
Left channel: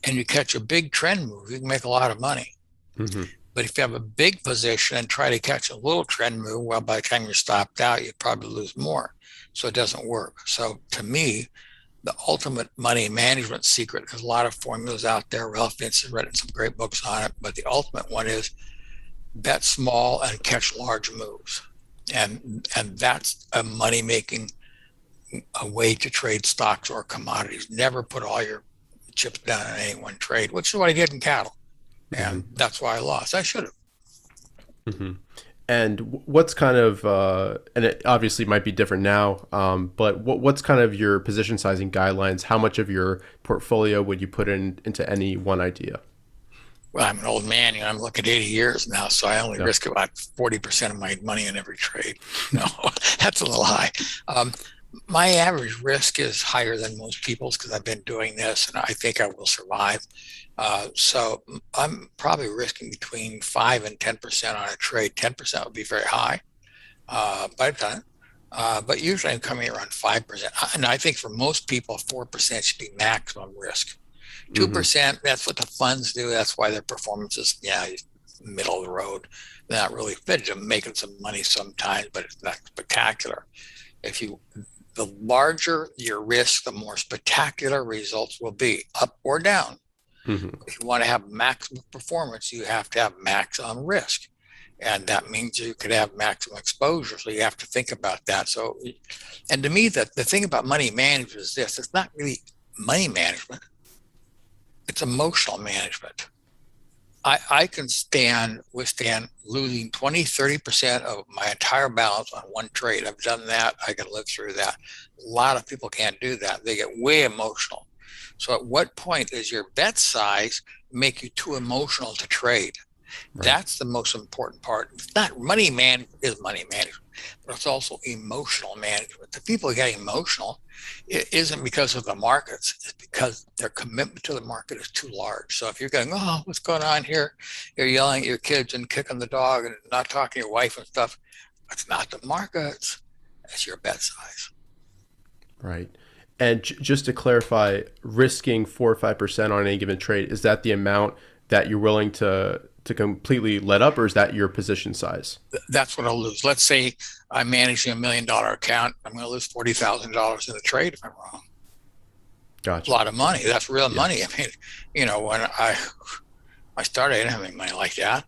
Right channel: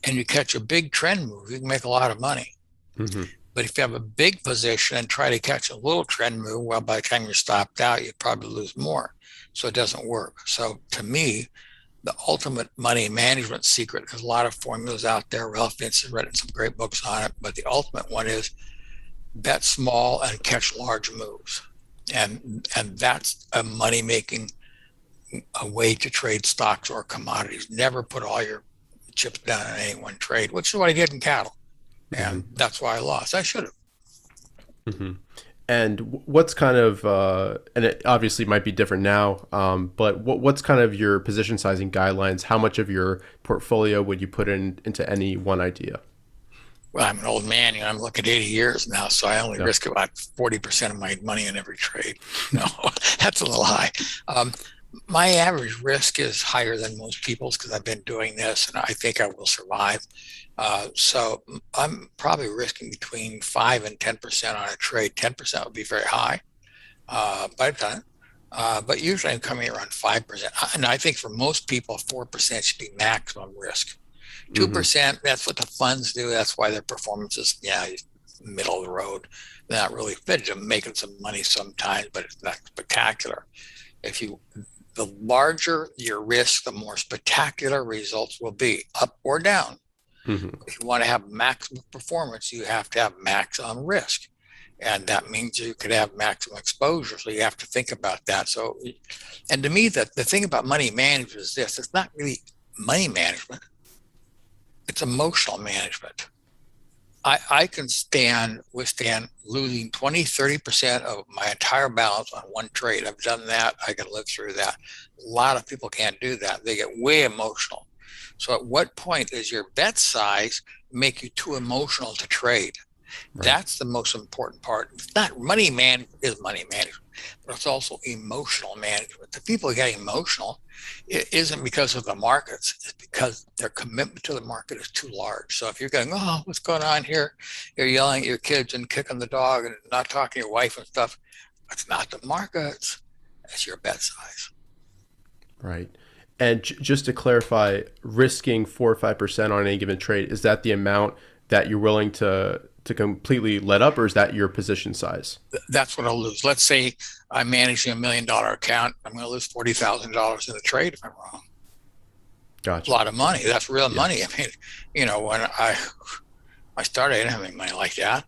and you catch a big trend move, you can make a lot of money. Mm-hmm. But if you have a big position and try to catch a little trend move, well, by the time you're stopped out, you probably lose more. So it doesn't work. So to me, the ultimate money management secret, there's a lot of formulas out there. Ralph Vince has written some great books on it, but the ultimate one is bet small and catch large moves. And that's a money-making a way to trade stocks or commodities. Never put all your chips down in any one trade, which is what I did in cattle. And that's why I lost. I should have. Mm-hmm. And what's kind of, and it obviously might be different now, but what's kind of your position sizing guidelines? How much of your portfolio would you put into any one idea? Well, I'm an old man, I'm looking at 80 years now, so I only risk about 40% of my money in every trade. No, that's a little high. My average risk is higher than most people's because I've been doing this and I think I will survive. So I'm probably risking between 5 and 10% on a trade. 10% would be very high, but I've done it. But usually I'm coming around 5%. And I think for most people, 4% should be maximum risk. 2%, that's what the funds do. That's why their performance is, middle of the road. They're not really fit. They're making some money sometimes, but it's not spectacular. The larger your risk, the more spectacular results will be, up or down. Mm-hmm. If you want to have maximum performance, you have to have maximum risk. And that means you could have maximum exposure. So you have to think about that. So, and to me, the thing about money management is this: it's not really money management. It's emotional management. I can withstand losing 20, 30% of my entire balance on one trade. I've done that. I can live through that. A lot of people can't do that. They get way emotional. So at what point does your bet size make you too emotional to trade? Right. That's the most important part. It's not money management, is money management, but it's also emotional management. The people who get emotional, it isn't because of the markets, it's because their commitment to the market is too large. So if you're going, oh, what's going on here? You're yelling at your kids and kicking the dog and not talking to your wife and stuff. It's not the markets, it's your bet size. Right. And just to clarify, risking 4 or 5% on any given trade, is that the amount that you're willing to completely let up, or is that your position size? That's what I'll lose. Let's say I'm managing $1 million account. I'm going to lose $40,000 in the trade if I'm wrong. Gotcha. A lot of money. That's real money. I mean, when I started, I didn't have any money like that.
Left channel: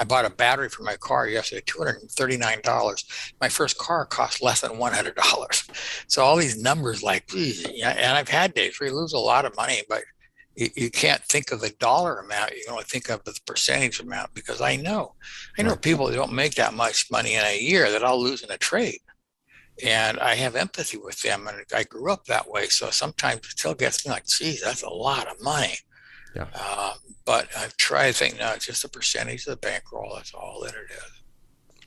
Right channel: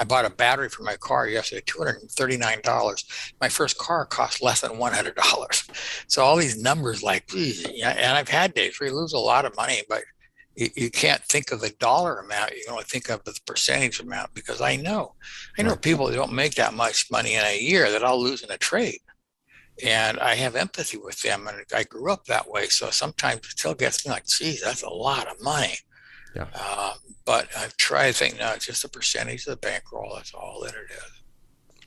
I bought a battery for my car yesterday, $239. My first car cost less than $100. So all these numbers, like, yeah, and I've had days where you lose a lot of money, but you can't think of the dollar amount. You can only think of the percentage amount, because I know Right. people that don't make that much money in a year that I'll lose in a trade. And I have empathy with them, and I grew up that way. So sometimes it still gets me like, geez, that's a lot of money. Yeah. But I've tried to think, no, it's just a percentage of the bankroll. That's all that it is.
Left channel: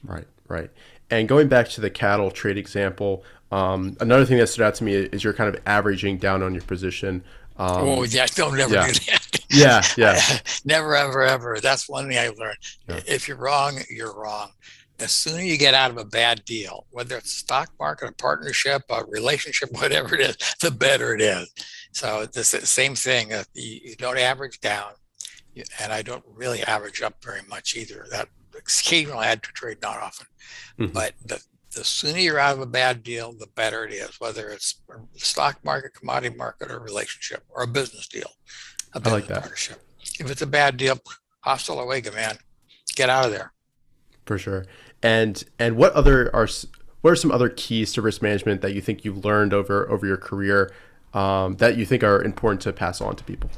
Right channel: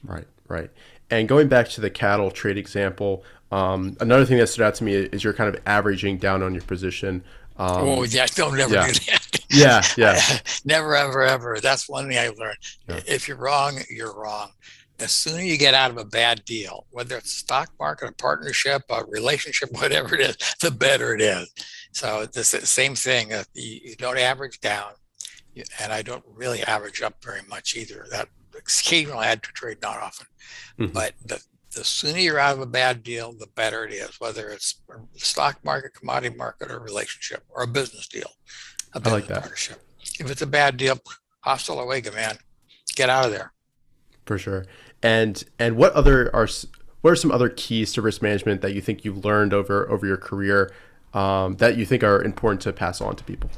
Right. Right. And going back to the cattle trade example, another thing that stood out to me is you're kind of averaging down on your position. Oh, yeah, don't never yeah. do that. Yeah. Yeah. Never, ever, ever. That's one thing I learned. Yeah. If you're wrong, you're wrong. The sooner you get out of a bad deal, whether it's a stock market, a partnership, a relationship, whatever it is, the better it is. So it's the same thing. You don't average down, and I don't really average up very much either. That occasionally I had to trade, not often. Mhm. But the sooner you're out of a bad deal, the better it is, whether it's a stock market, commodity market, or a relationship, or a business deal, a I like business that. partnership. If it's a bad deal, hasta la vega, man. Get out of there. For sure. And what are some other keys to risk management that you think you've learned over your career, that you think are important to pass on to people?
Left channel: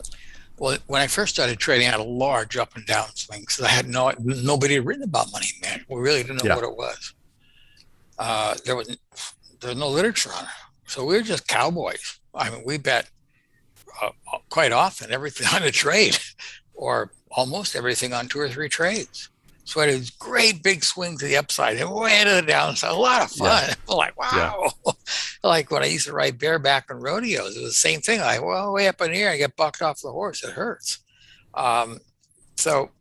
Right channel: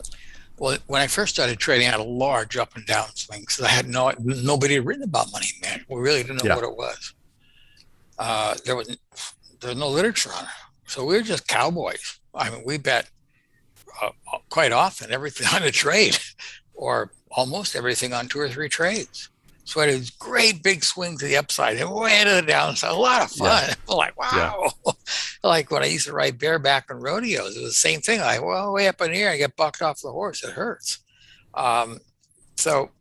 Well, when I first started trading, I had a large up and down swings. I had nobody had written about money management. We really didn't know what it was. There was no literature on it, so we were just cowboys. I mean, we bet quite often everything on a trade, or almost everything on 2 or 3 trades. So I had these great big swings to the upside and way to the downside. A lot of fun. Yeah. Like, wow. Yeah. Like when I used to ride bareback on rodeos, it was the same thing. Like, well, way up in here, I get bucked off the horse. It hurts. So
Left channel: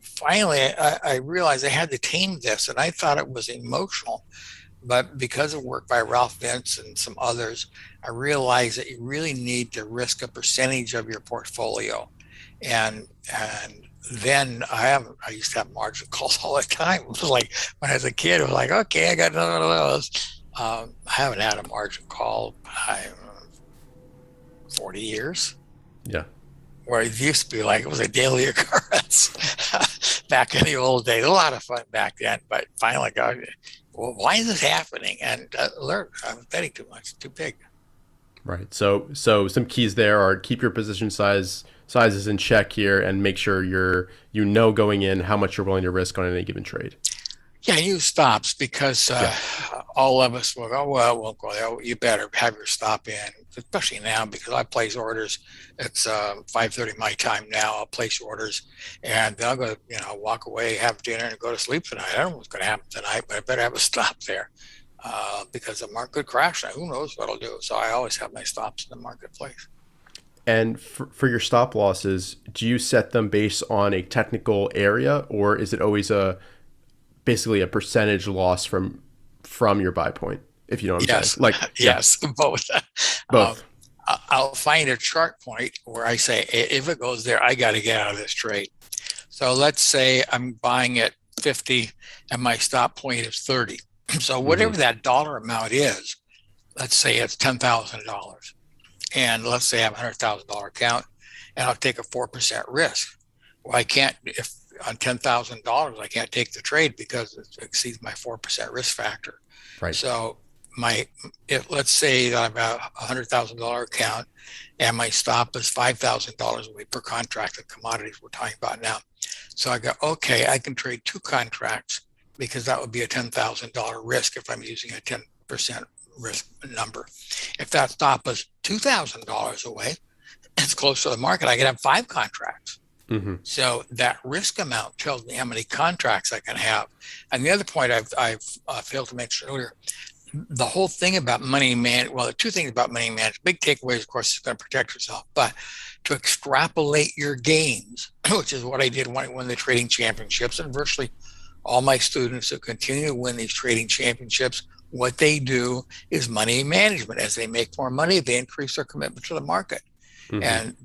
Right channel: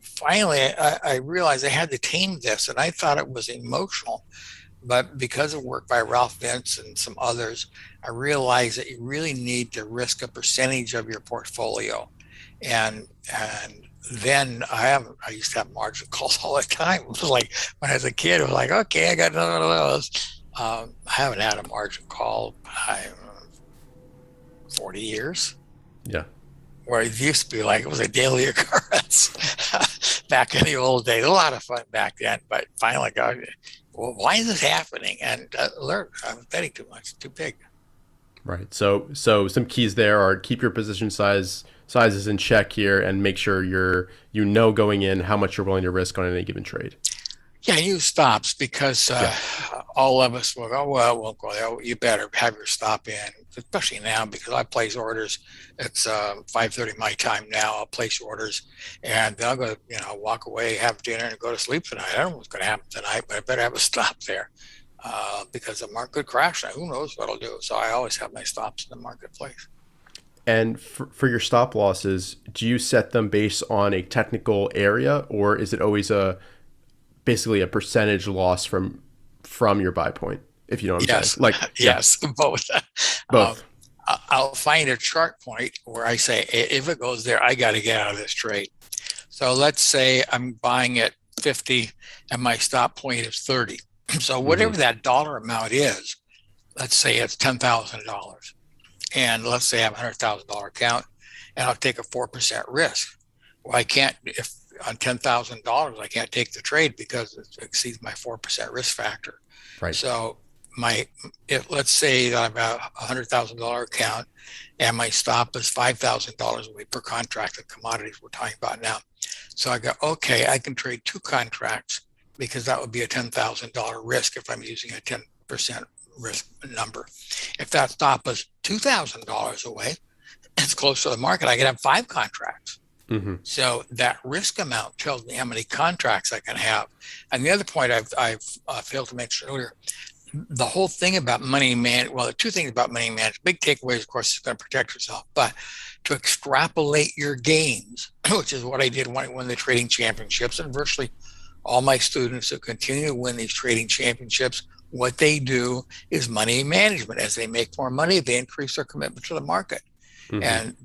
finally, I realized I had to tame this, and I thought it was emotional. But because of work by Ralph Vince and some others, I realized that you really need to risk a percentage of your portfolio. And then I used to have margin calls all the time. It was like when I was a kid, it was like, okay, I got none of those. I haven't had a margin call in 40 years. Yeah. Where it used to be like it was a daily occurrence back in the old days. A lot of fun back then, but finally got, well, why is this happening? And learned I was betting too much, too big. Right. So some keys there are keep your position sizes in check here, and make sure going in how much you're willing to risk on any given trade. Yeah, use stops, because all of us will go, well, we'll go there. You better have your stop in, especially now, because I place orders. It's 5:30 my time now. I'll place orders, and then I'll go, walk away, have dinner, and go to sleep tonight. I don't know what's going to happen tonight, but I better have a stop there, because the market could crash. Who knows what I'll do? So I always have my stops in the marketplace. And for your stop losses, do you set them based on a technical area, or is it always basically a percentage loss from your buy point, if you know what I'm saying? Like, yes, both. Both. I'll find a chart point where I say, if it goes there, I got to get out of this trade. So let's say I'm buying at 50 and my stop point is 30. So whatever that dollar amount is, let's say it's $10,000. And let's say I have a $100,000 account, and I'll take a 4% risk. Well, I can't, if on $10,000, I can't take the trade because it exceeds my 4% risk factor. Right. So let's say that I'm a $100,000 account, and my stop is $5,000 a week per contract of commodities we're talking about now. So I go, okay, I can trade 2 contracts, because that would be a $10,000 risk if I'm using a 10% risk number. If that stop is $2,000 away, it's close to the market, I can have 5 contracts. Mm-hmm. So that risk amount tells me how many contracts I can have. And the other point I've failed to mention earlier, the whole thing about money management, well, the 2 things about money management, big takeaways, of course, is going to protect yourself, but to extrapolate your gains, which is what I did when I won the trading championships, and virtually all my students who continue to win these trading championships, what they do is money management. As they make more money, they increase their commitment to the market. Mm-hmm. And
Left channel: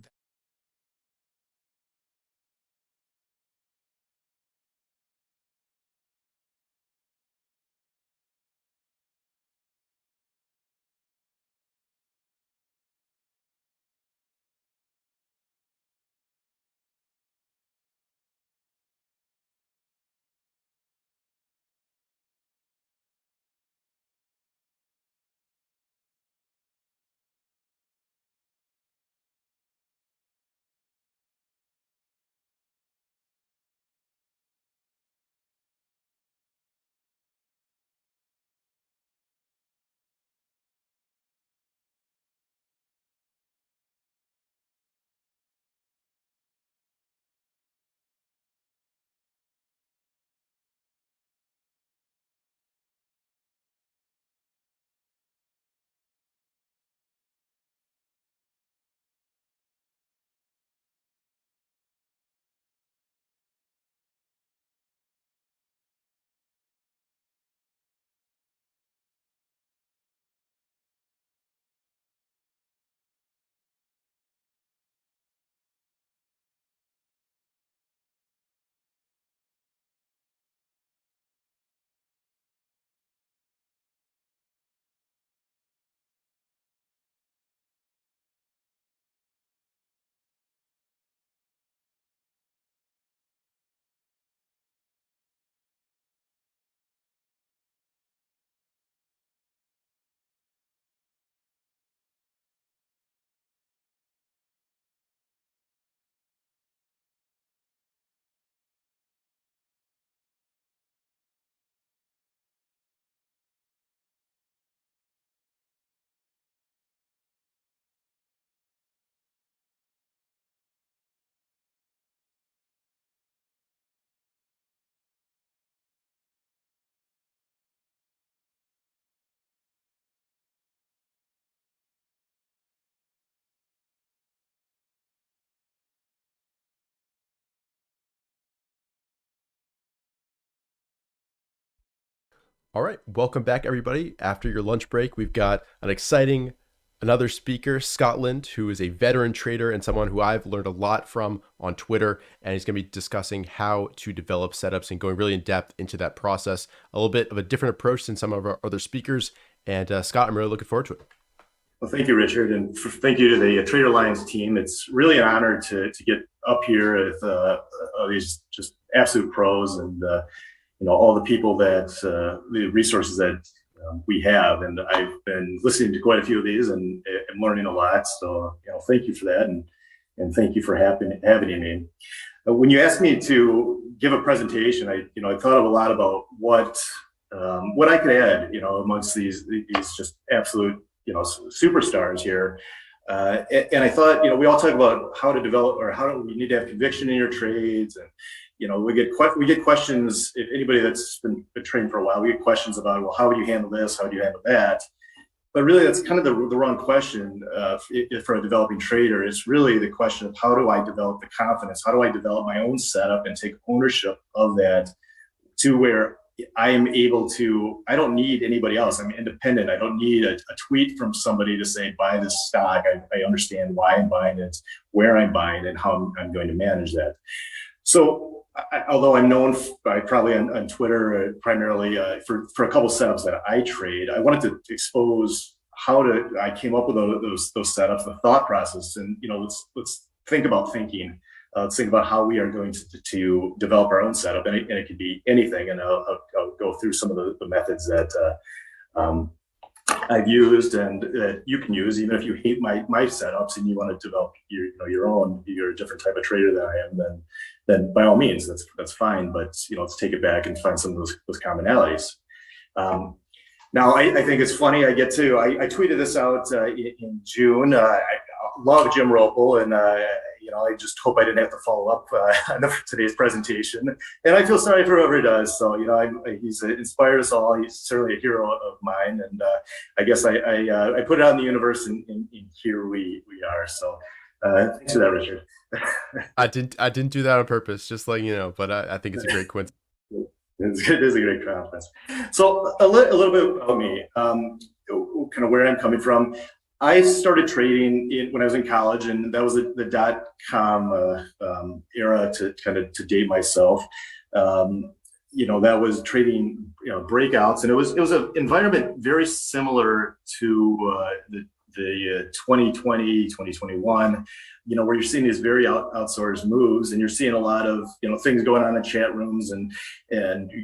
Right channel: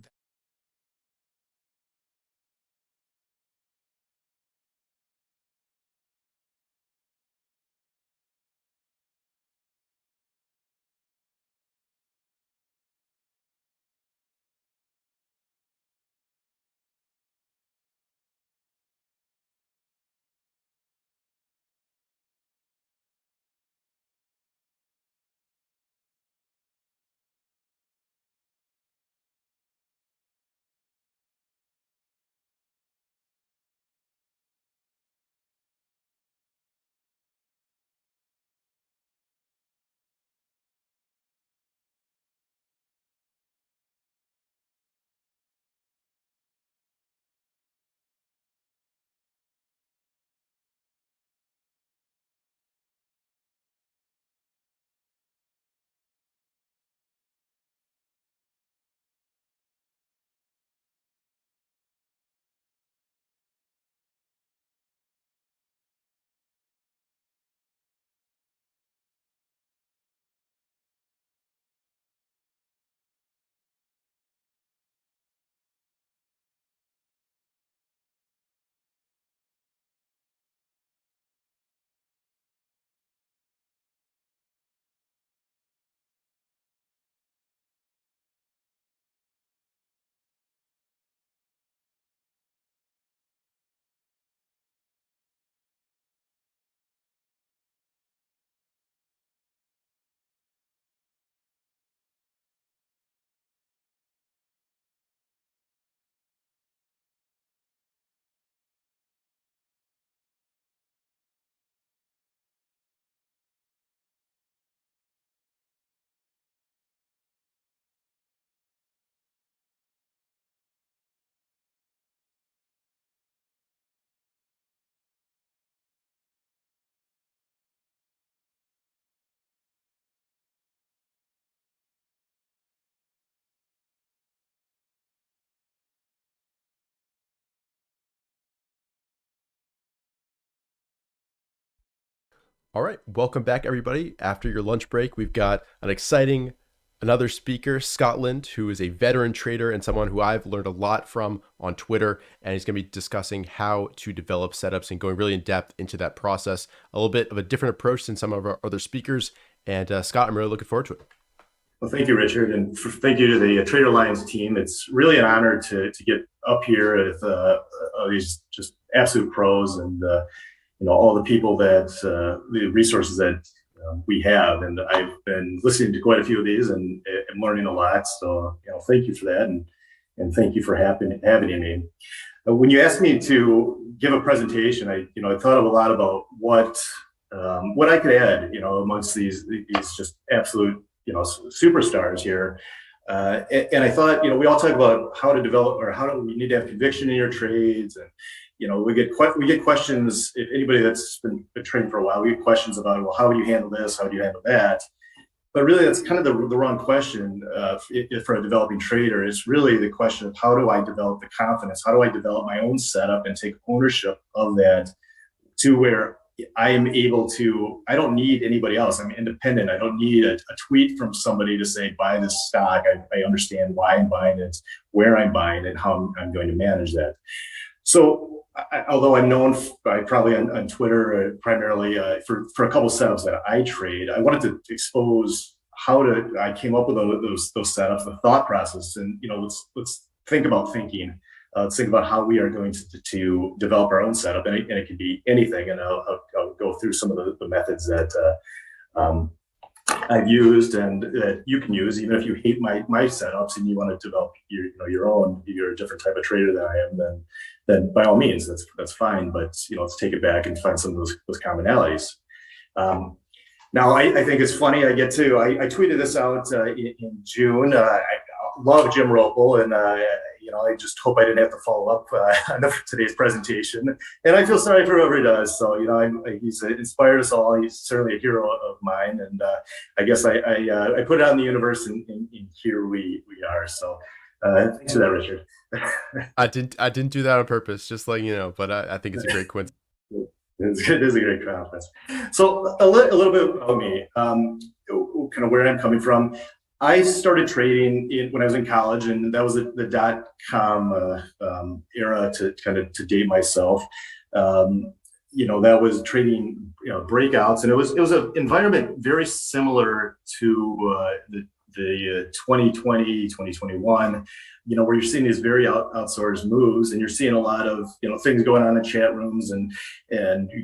All right, welcome back, everybody. After your lunch break, we've got another speaker, Scotland, who is a veteran trader and someone who I've learned a lot from on Twitter. And he's going to be discussing how to develop setups and going really in depth into that process. A little bit of a different approach than some of our other speakers. And Scott, I'm really looking forward to it. Well, thank you, Richard, and thank you to the TraderLion team. It's really an honor to get up here with these just absolute pros and all the people that the resources that we have. And I've been listening to quite a few of these and I'm learning a lot. So thank you for that, and thank you for having me. When you asked me to give a presentation, I thought of a lot about what I could add, amongst these just absolute superstars here. And I thought, we all talk about how to develop, or how do we need to have conviction in your trades. And, we get questions, if anybody that's been trading for a while, we get questions about, well, how would you handle this? How do you handle that? But really, that's kind of the wrong question for a developing trader. It's really the question of, how do I develop the confidence? How do I develop my own setup and take ownership of that to where I am able to, I don't need anybody else. I'm independent. I don't need a tweet from somebody to say, buy this stock. I understand why I'm buying it, where I'm buying it, how I'm going to manage that. So although I'm known probably on Twitter primarily for a couple of setups that I trade, I wanted to expose I came up with those setups, the thought process, and let's think about thinking. Let's think about how we are going to develop our own setup, and it can be anything. And I'll go through some of the methods that I've used and that you can use, even if you hate my setups and you want to develop your own. You're a different type of trader than I am. Then by all means, that's fine. But let's take it back and find some of those commonalities. Now I think it's funny. I tweeted this out in June. I love Jim Roppel, and I just hope I didn't have to follow up on today's presentation. And I feel sorry for whoever does. So, he's inspired us all. He's certainly a hero of mine. And I guess I put it out in the universe, and here we are. So thanks for that, Richard. I didn't do that on purpose, just letting you know, but I think it's a great coincidence. It is a great coincidence. So a little bit about me, kind of where I'm coming from. I started trading when I was in college, and that was the .com era, to date myself. That was trading breakouts, and it was an environment very similar to the 2020, 2021. Where you're seeing these very outsized moves, and you're seeing a lot of things going on in chat rooms, and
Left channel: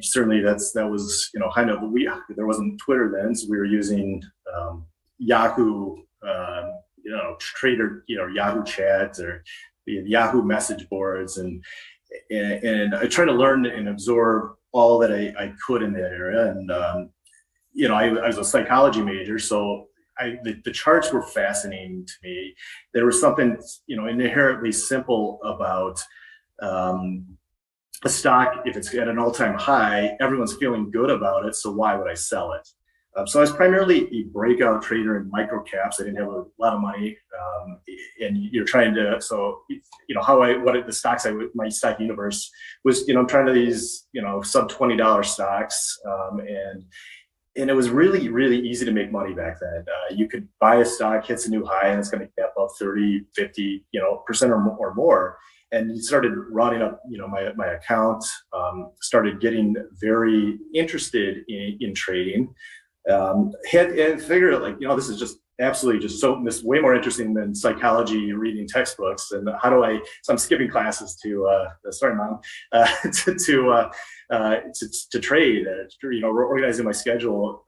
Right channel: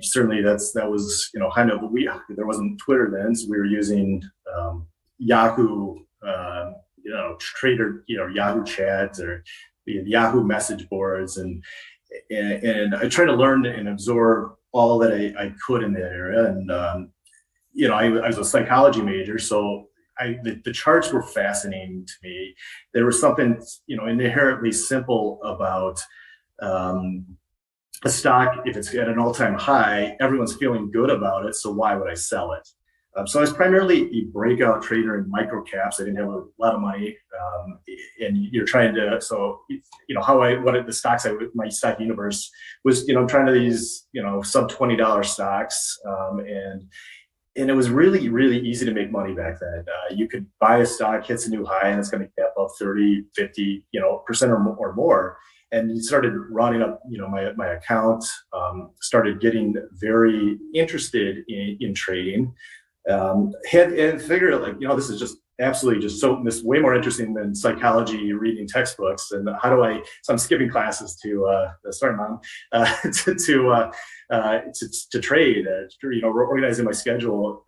certainly that was kind of there wasn't Twitter then, so we were using Yahoo. Trader, Yahoo chats or the Yahoo message boards, and I try to learn and absorb all that I could in that area. And I was a psychology major, so the charts were fascinating to me. There was something inherently simple about a stock. If it's at an all-time high, everyone's feeling good about it, so why would I sell it? So I was primarily a breakout trader in micro caps. I didn't have a lot of money, and you're trying to. So the stocks my stock universe was. I'm trying to these sub $20 stocks, and it was really, really easy to make money back then. You could buy a stock, hits a new high, and it's going to gap up 30, 50 percent or more. And you started running up, my account. Started getting very interested in trading. And figured this is just absolutely this is way more interesting than psychology reading textbooks. And so I'm skipping classes to sorry mom to trade, organizing my schedule.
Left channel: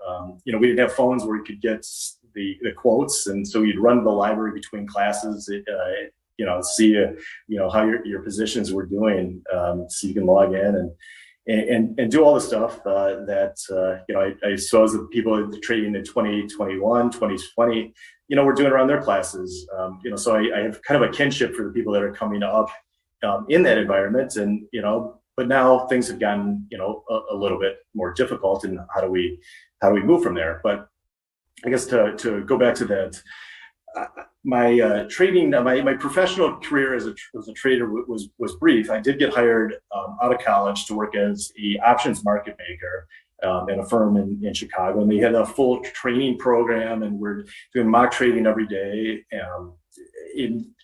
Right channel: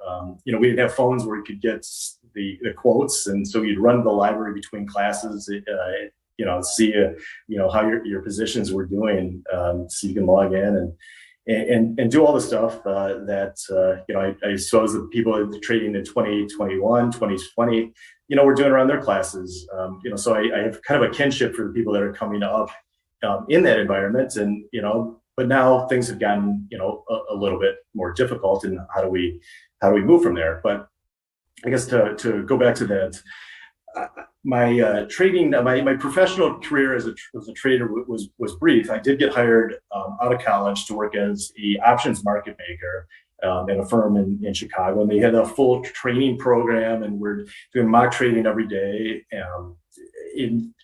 We didn't have phones where you could get the quotes, and so you'd run to the library between classes, see how your positions were doing, so you can log in and do all the stuff that I suppose the people trading in 2021, 2020, were doing around their classes. So I have kind of a kinship for the people that are coming up in that environment, and but now things have gotten a little bit more difficult, and how do we move from there? But I guess to go back to that. My trading, my professional career as a trader was brief. I did get hired out of college to work as a options market maker in a firm in Chicago, and they had a full training program, and we're doing mock trading every day.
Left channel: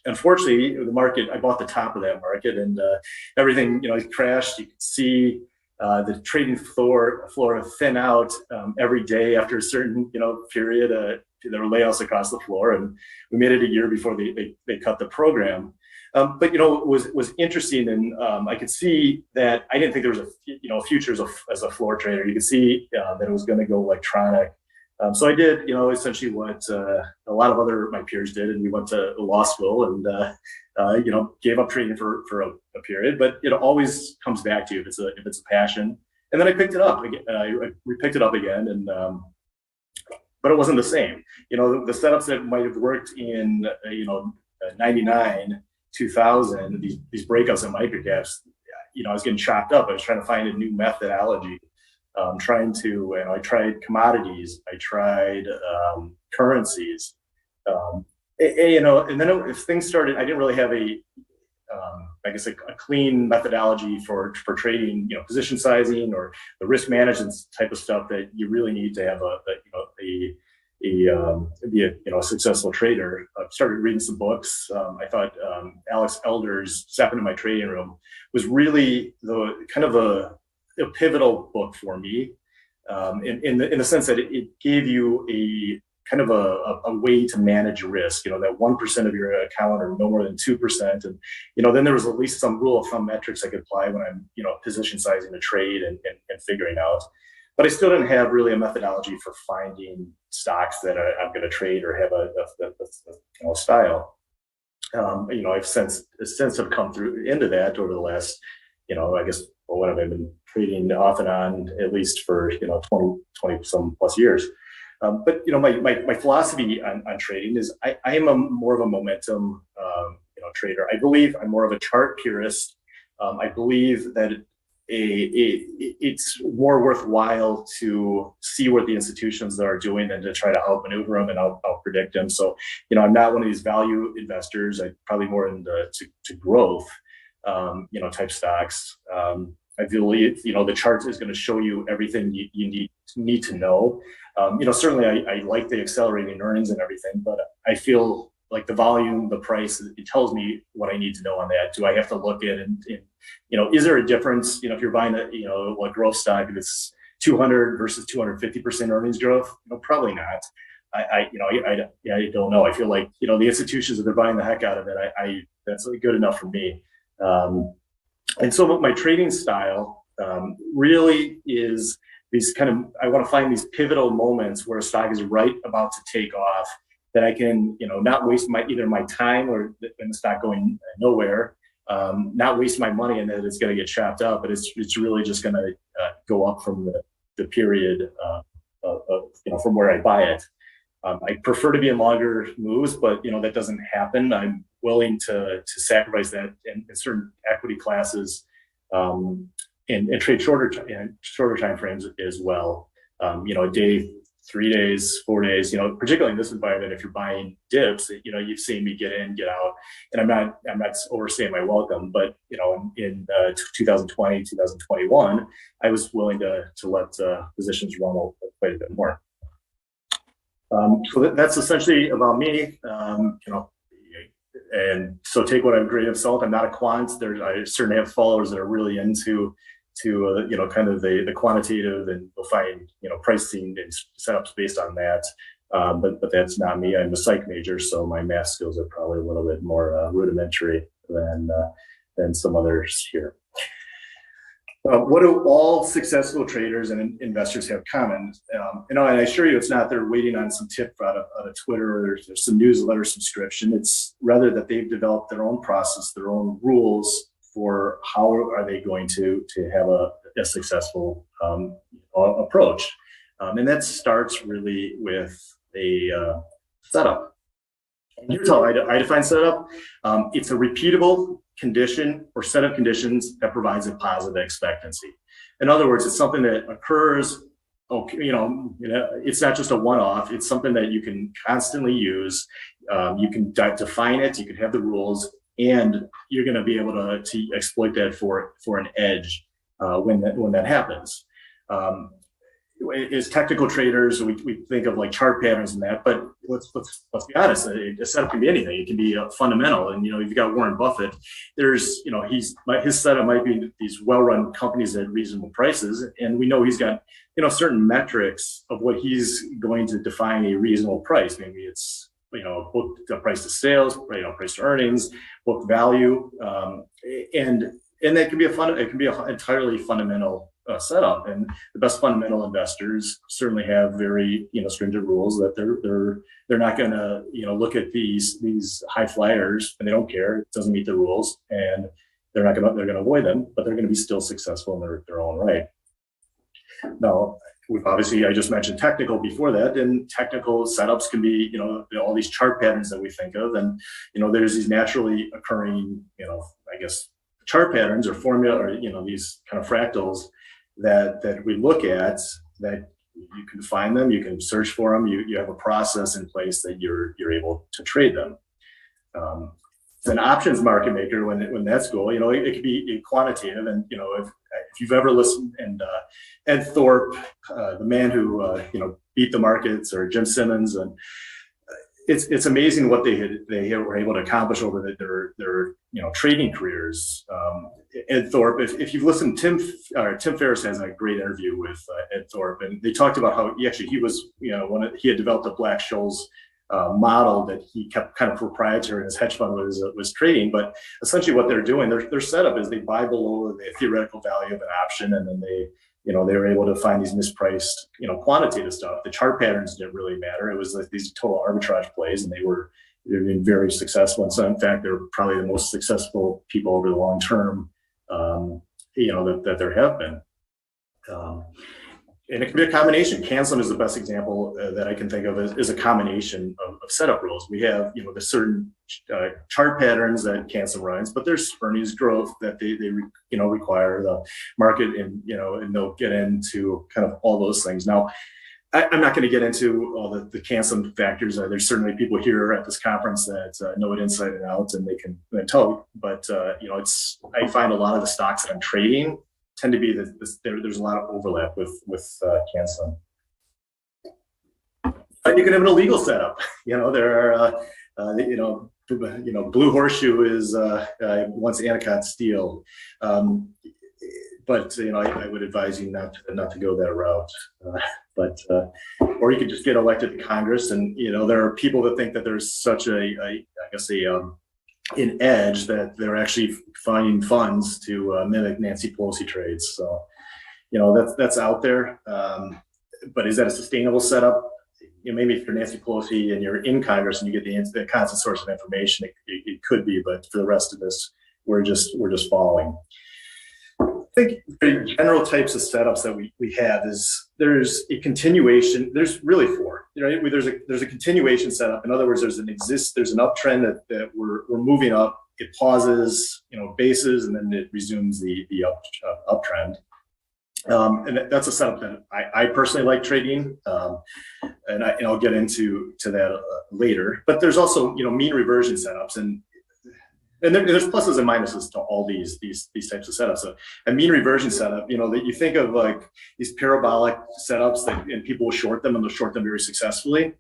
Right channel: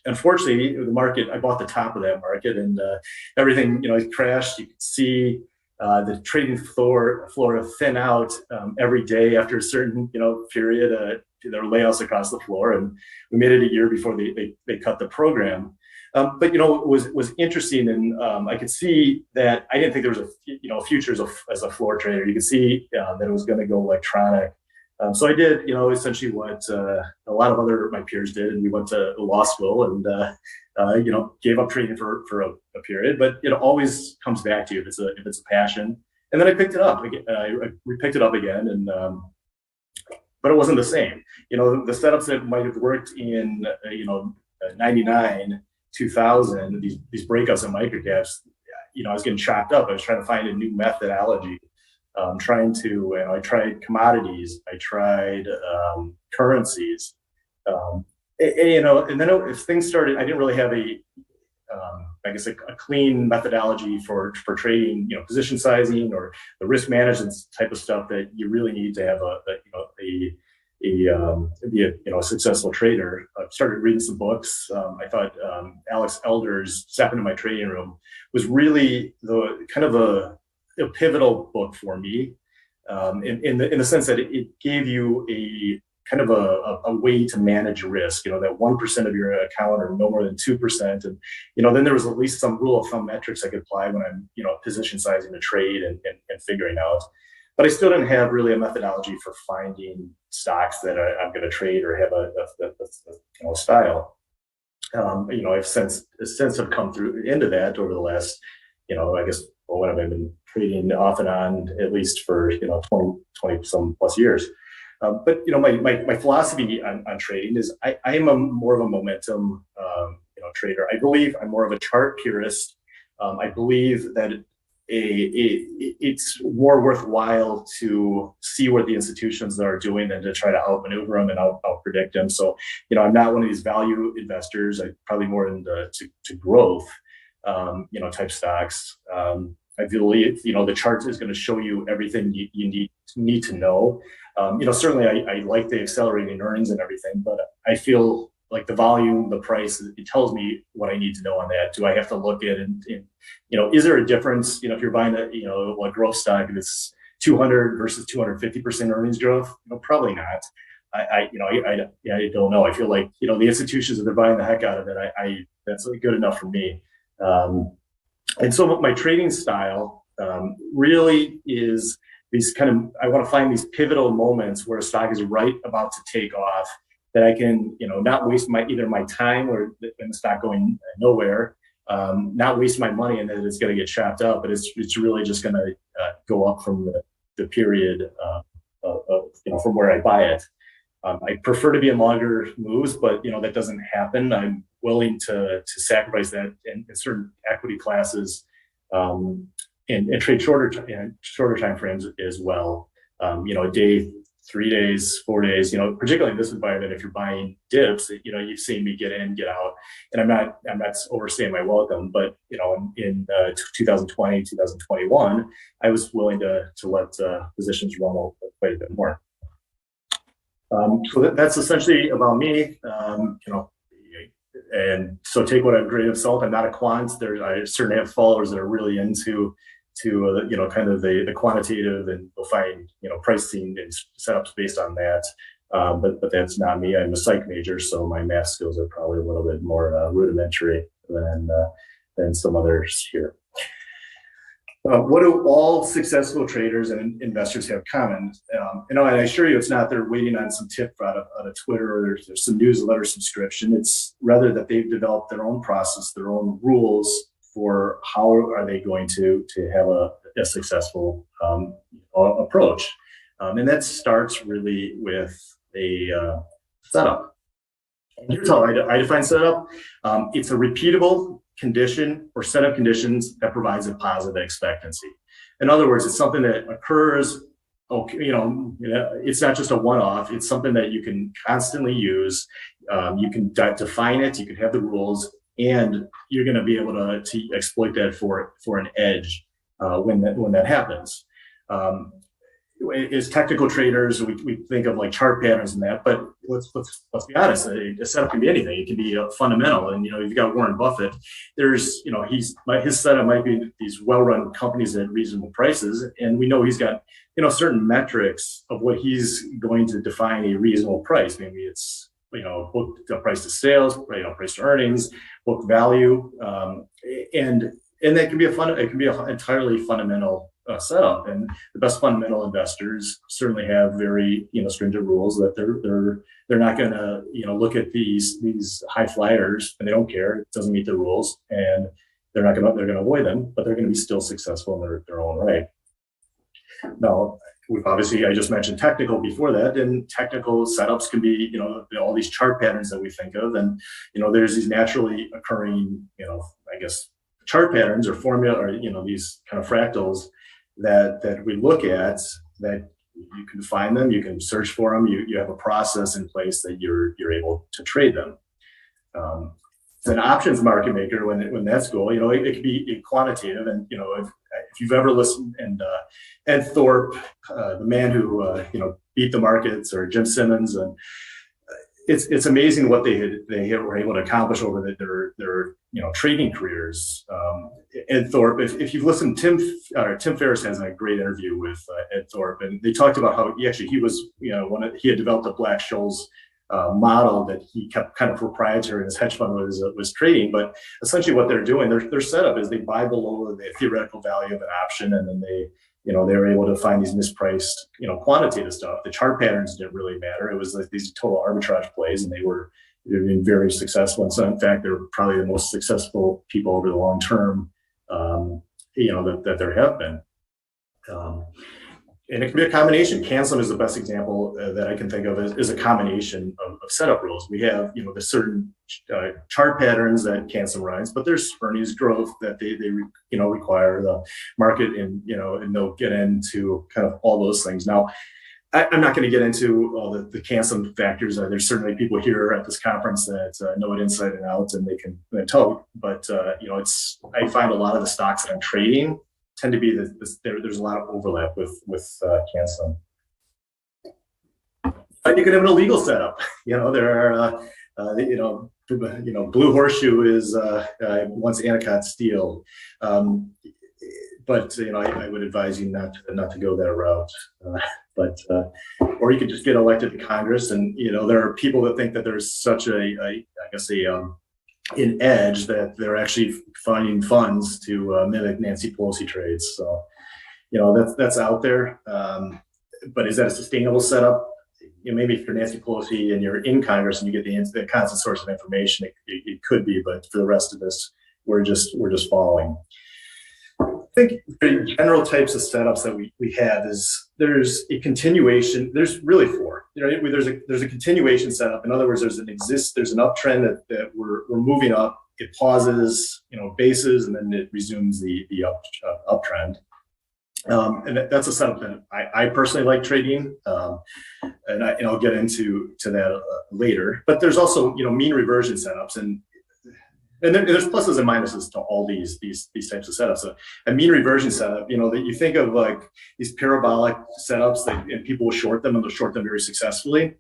Unfortunately, the market, I bought the top of that market, and everything, it crashed. You could see the trading floor thin out every day after a certain, period. There were layoffs across the floor, and we made it a year before they cut the program. But what was interesting, and I could see that I didn't think there was a futures as a floor trader. You could see that it was going to go electronic. So I did, essentially what a lot of my peers did, and we went to law school and gave up trading for a period. But it always comes back to you if it's a passion. And then I picked it up again. We picked it up again, and but it wasn't the same. The setups that might have worked in 99. 2000, these breakups in microcaps, I was getting chopped up. I was trying to find a new methodology. I tried commodities, I tried currencies, and then if things started, I didn't really have a clean methodology for trading, position sizing or the risk management type of stuff that you really need to have be a successful trader. I started reading some books. I thought Alex Elder's Step Into My Trading Room was really the kind of a pivotal book for me, in the sense that it gave you a kind of a way to manage risk. That 1% of your account or no more than 2%, and then there was at least some rule of thumb metrics I could apply when I'm position sizing a trade and figuring out. But I still didn't have really a methodology for finding stocks that I'm going to trade or have a style. I've since have come through into that over the last, what have I been trading off and on at least for 20 some plus years. But my philosophy on trading is I am more of a momentum trader. I believe I'm more of a chart purist. I believe that it's more worthwhile to see what the institutions are doing than to try to outmaneuver them and out predict them. So, I'm not one of these value investors. I'm probably more into growth, type stocks. I believe, the chart is going to show you everything you need to know. Certainly I like the accelerating earnings and everything, but I feel like the volume, the price, it tells me what I need to know on that. Do I have to look at and is there a difference, if you're buying a growth stock, if it's 200 versus 250% earnings growth? Probably not. I don't know. I feel like, the institutions, if they're buying the heck out of it, that's good enough for me. And so my trading style really is these I want to find these pivotal moments where a stock is right about to take off, that I can, not waste either my time or the stock going nowhere, not waste my money and that it's going to get chopped up, but it's really just going to go up from the period from where I buy it. I prefer to be in longer moves, but that doesn't happen. I'm willing to sacrifice that in certain equity classes, and trade shorter time frames as well. A day, 3 days, 4 days, particularly in this environment, if you're buying dips, you've seen me get in, get out, and I'm not overstaying my welcome, but, in 2020, 2021, I was willing to let positions run quite a bit more. So that's essentially about me, and so take what I'm grain of salt. I'm not a quant. I certainly have followers that are really into kind of the quantitative, and we'll find, pricing and setups based on that. But that's not me. I'm a psych major, so my math skills are probably a little bit more rudimentary than some others here. What do all successful traders and investors have common? And I assure you, it's not they're waiting on some tip out of Twitter, or there's some newsletter subscription. It's rather that they've developed their own process, their own rules for how are they going to have a successful approach. And that starts really with a setup. And here's how I define setup. It's a repeatable condition or set of conditions that provides a positive expectancy. In other words, it's something that occurs, it's not just a one-off. It's something that you can constantly use. You can define it, you can have the rules, and you're going to be able to exploit that for an edge when that happens. as technical traders, we think of like chart patterns and that, but let's be honest, a setup can be anything. It can be fundamental. And, you've got Warren Buffett, there's, his setup might be these well-run companies at reasonable prices. And we know he's got, certain metrics of what he's going to define a reasonable price. Maybe it's, book price to sales, price to earnings, book value. And that can be an entirely fundamental setup, and the best fundamental investors certainly have very stringent rules that they're not going to look at these high flyers, and they don't care. It doesn't meet the rules, and they're going to avoid them, but they're going to be still successful in their own right. Now, I just mentioned technical before that, and technical setups can be all these chart patterns that we think of, and there's these naturally occurring chart patterns or formula, or these kind of fractals that we look at, that you can find them, you can search for them, you have a process in place that you're able to trade them. It's an options market maker when that's goal, it could be quantitative, and if you've ever listened, and Ed Thorpe, the man who beat the markets, or Jim Simmons, and it's amazing what they were able to accomplish over their trading careers. Ed Thorpe, if you've listened, Tim Ferriss has a great interview with Ed Thorpe, and they talked about how he had developed a Black-Scholes model that he kept kind of proprietary, and his hedge fund was trading. But essentially, what they're doing, their setup is they buy below the theoretical value of an option, and then they were able to find these mispriced, quantitative stuff. The chart patterns didn't really matter. It was like these total arbitrage plays, and they've been very successful. And so, in fact, they're probably the most successful people over the long term, that there have been. And it can be a combination. Canceling is the best example that I can think of as a combination of setup rules. We have, the certain chart patterns that Canceling runs, but there's earnings growth that they require the market, and they'll get into kind of all those things. Now, I'm not going to get into all the Canceling factors. There's certainly people here at this conference that know it inside and out, and they can tell. But I find a lot of the stocks that I'm trading tend to be there's a lot of overlap with Canceling. But you can have an illegal setup. There are Blue Horseshoe is once Anacott Steel, but I would advise you not to go that route. Or you could just get elected to Congress, and there are people that think that there's such an edge that they're actually finding funds to mimic Nancy Pelosi trades. So, that's out there. But is that a sustainable setup? Maybe if you're Nancy Pelosi and you're in Congress and you get the constant source of information, it could be. But for the rest of us, we're just following. I think the general types of setups that we have is there's a continuation. There's really four. There's a continuation setup. In other words, there's an uptrend that we're moving up. It pauses, bases, and then it resumes the uptrend. And that's a setup that I personally like trading, and I'll get into that later. But there's also mean reversion setups, and there's pluses and minuses to all these types of setups. So a mean reversion setup, that you think of like these parabolic setups and people will short them, and they'll short them very successfully.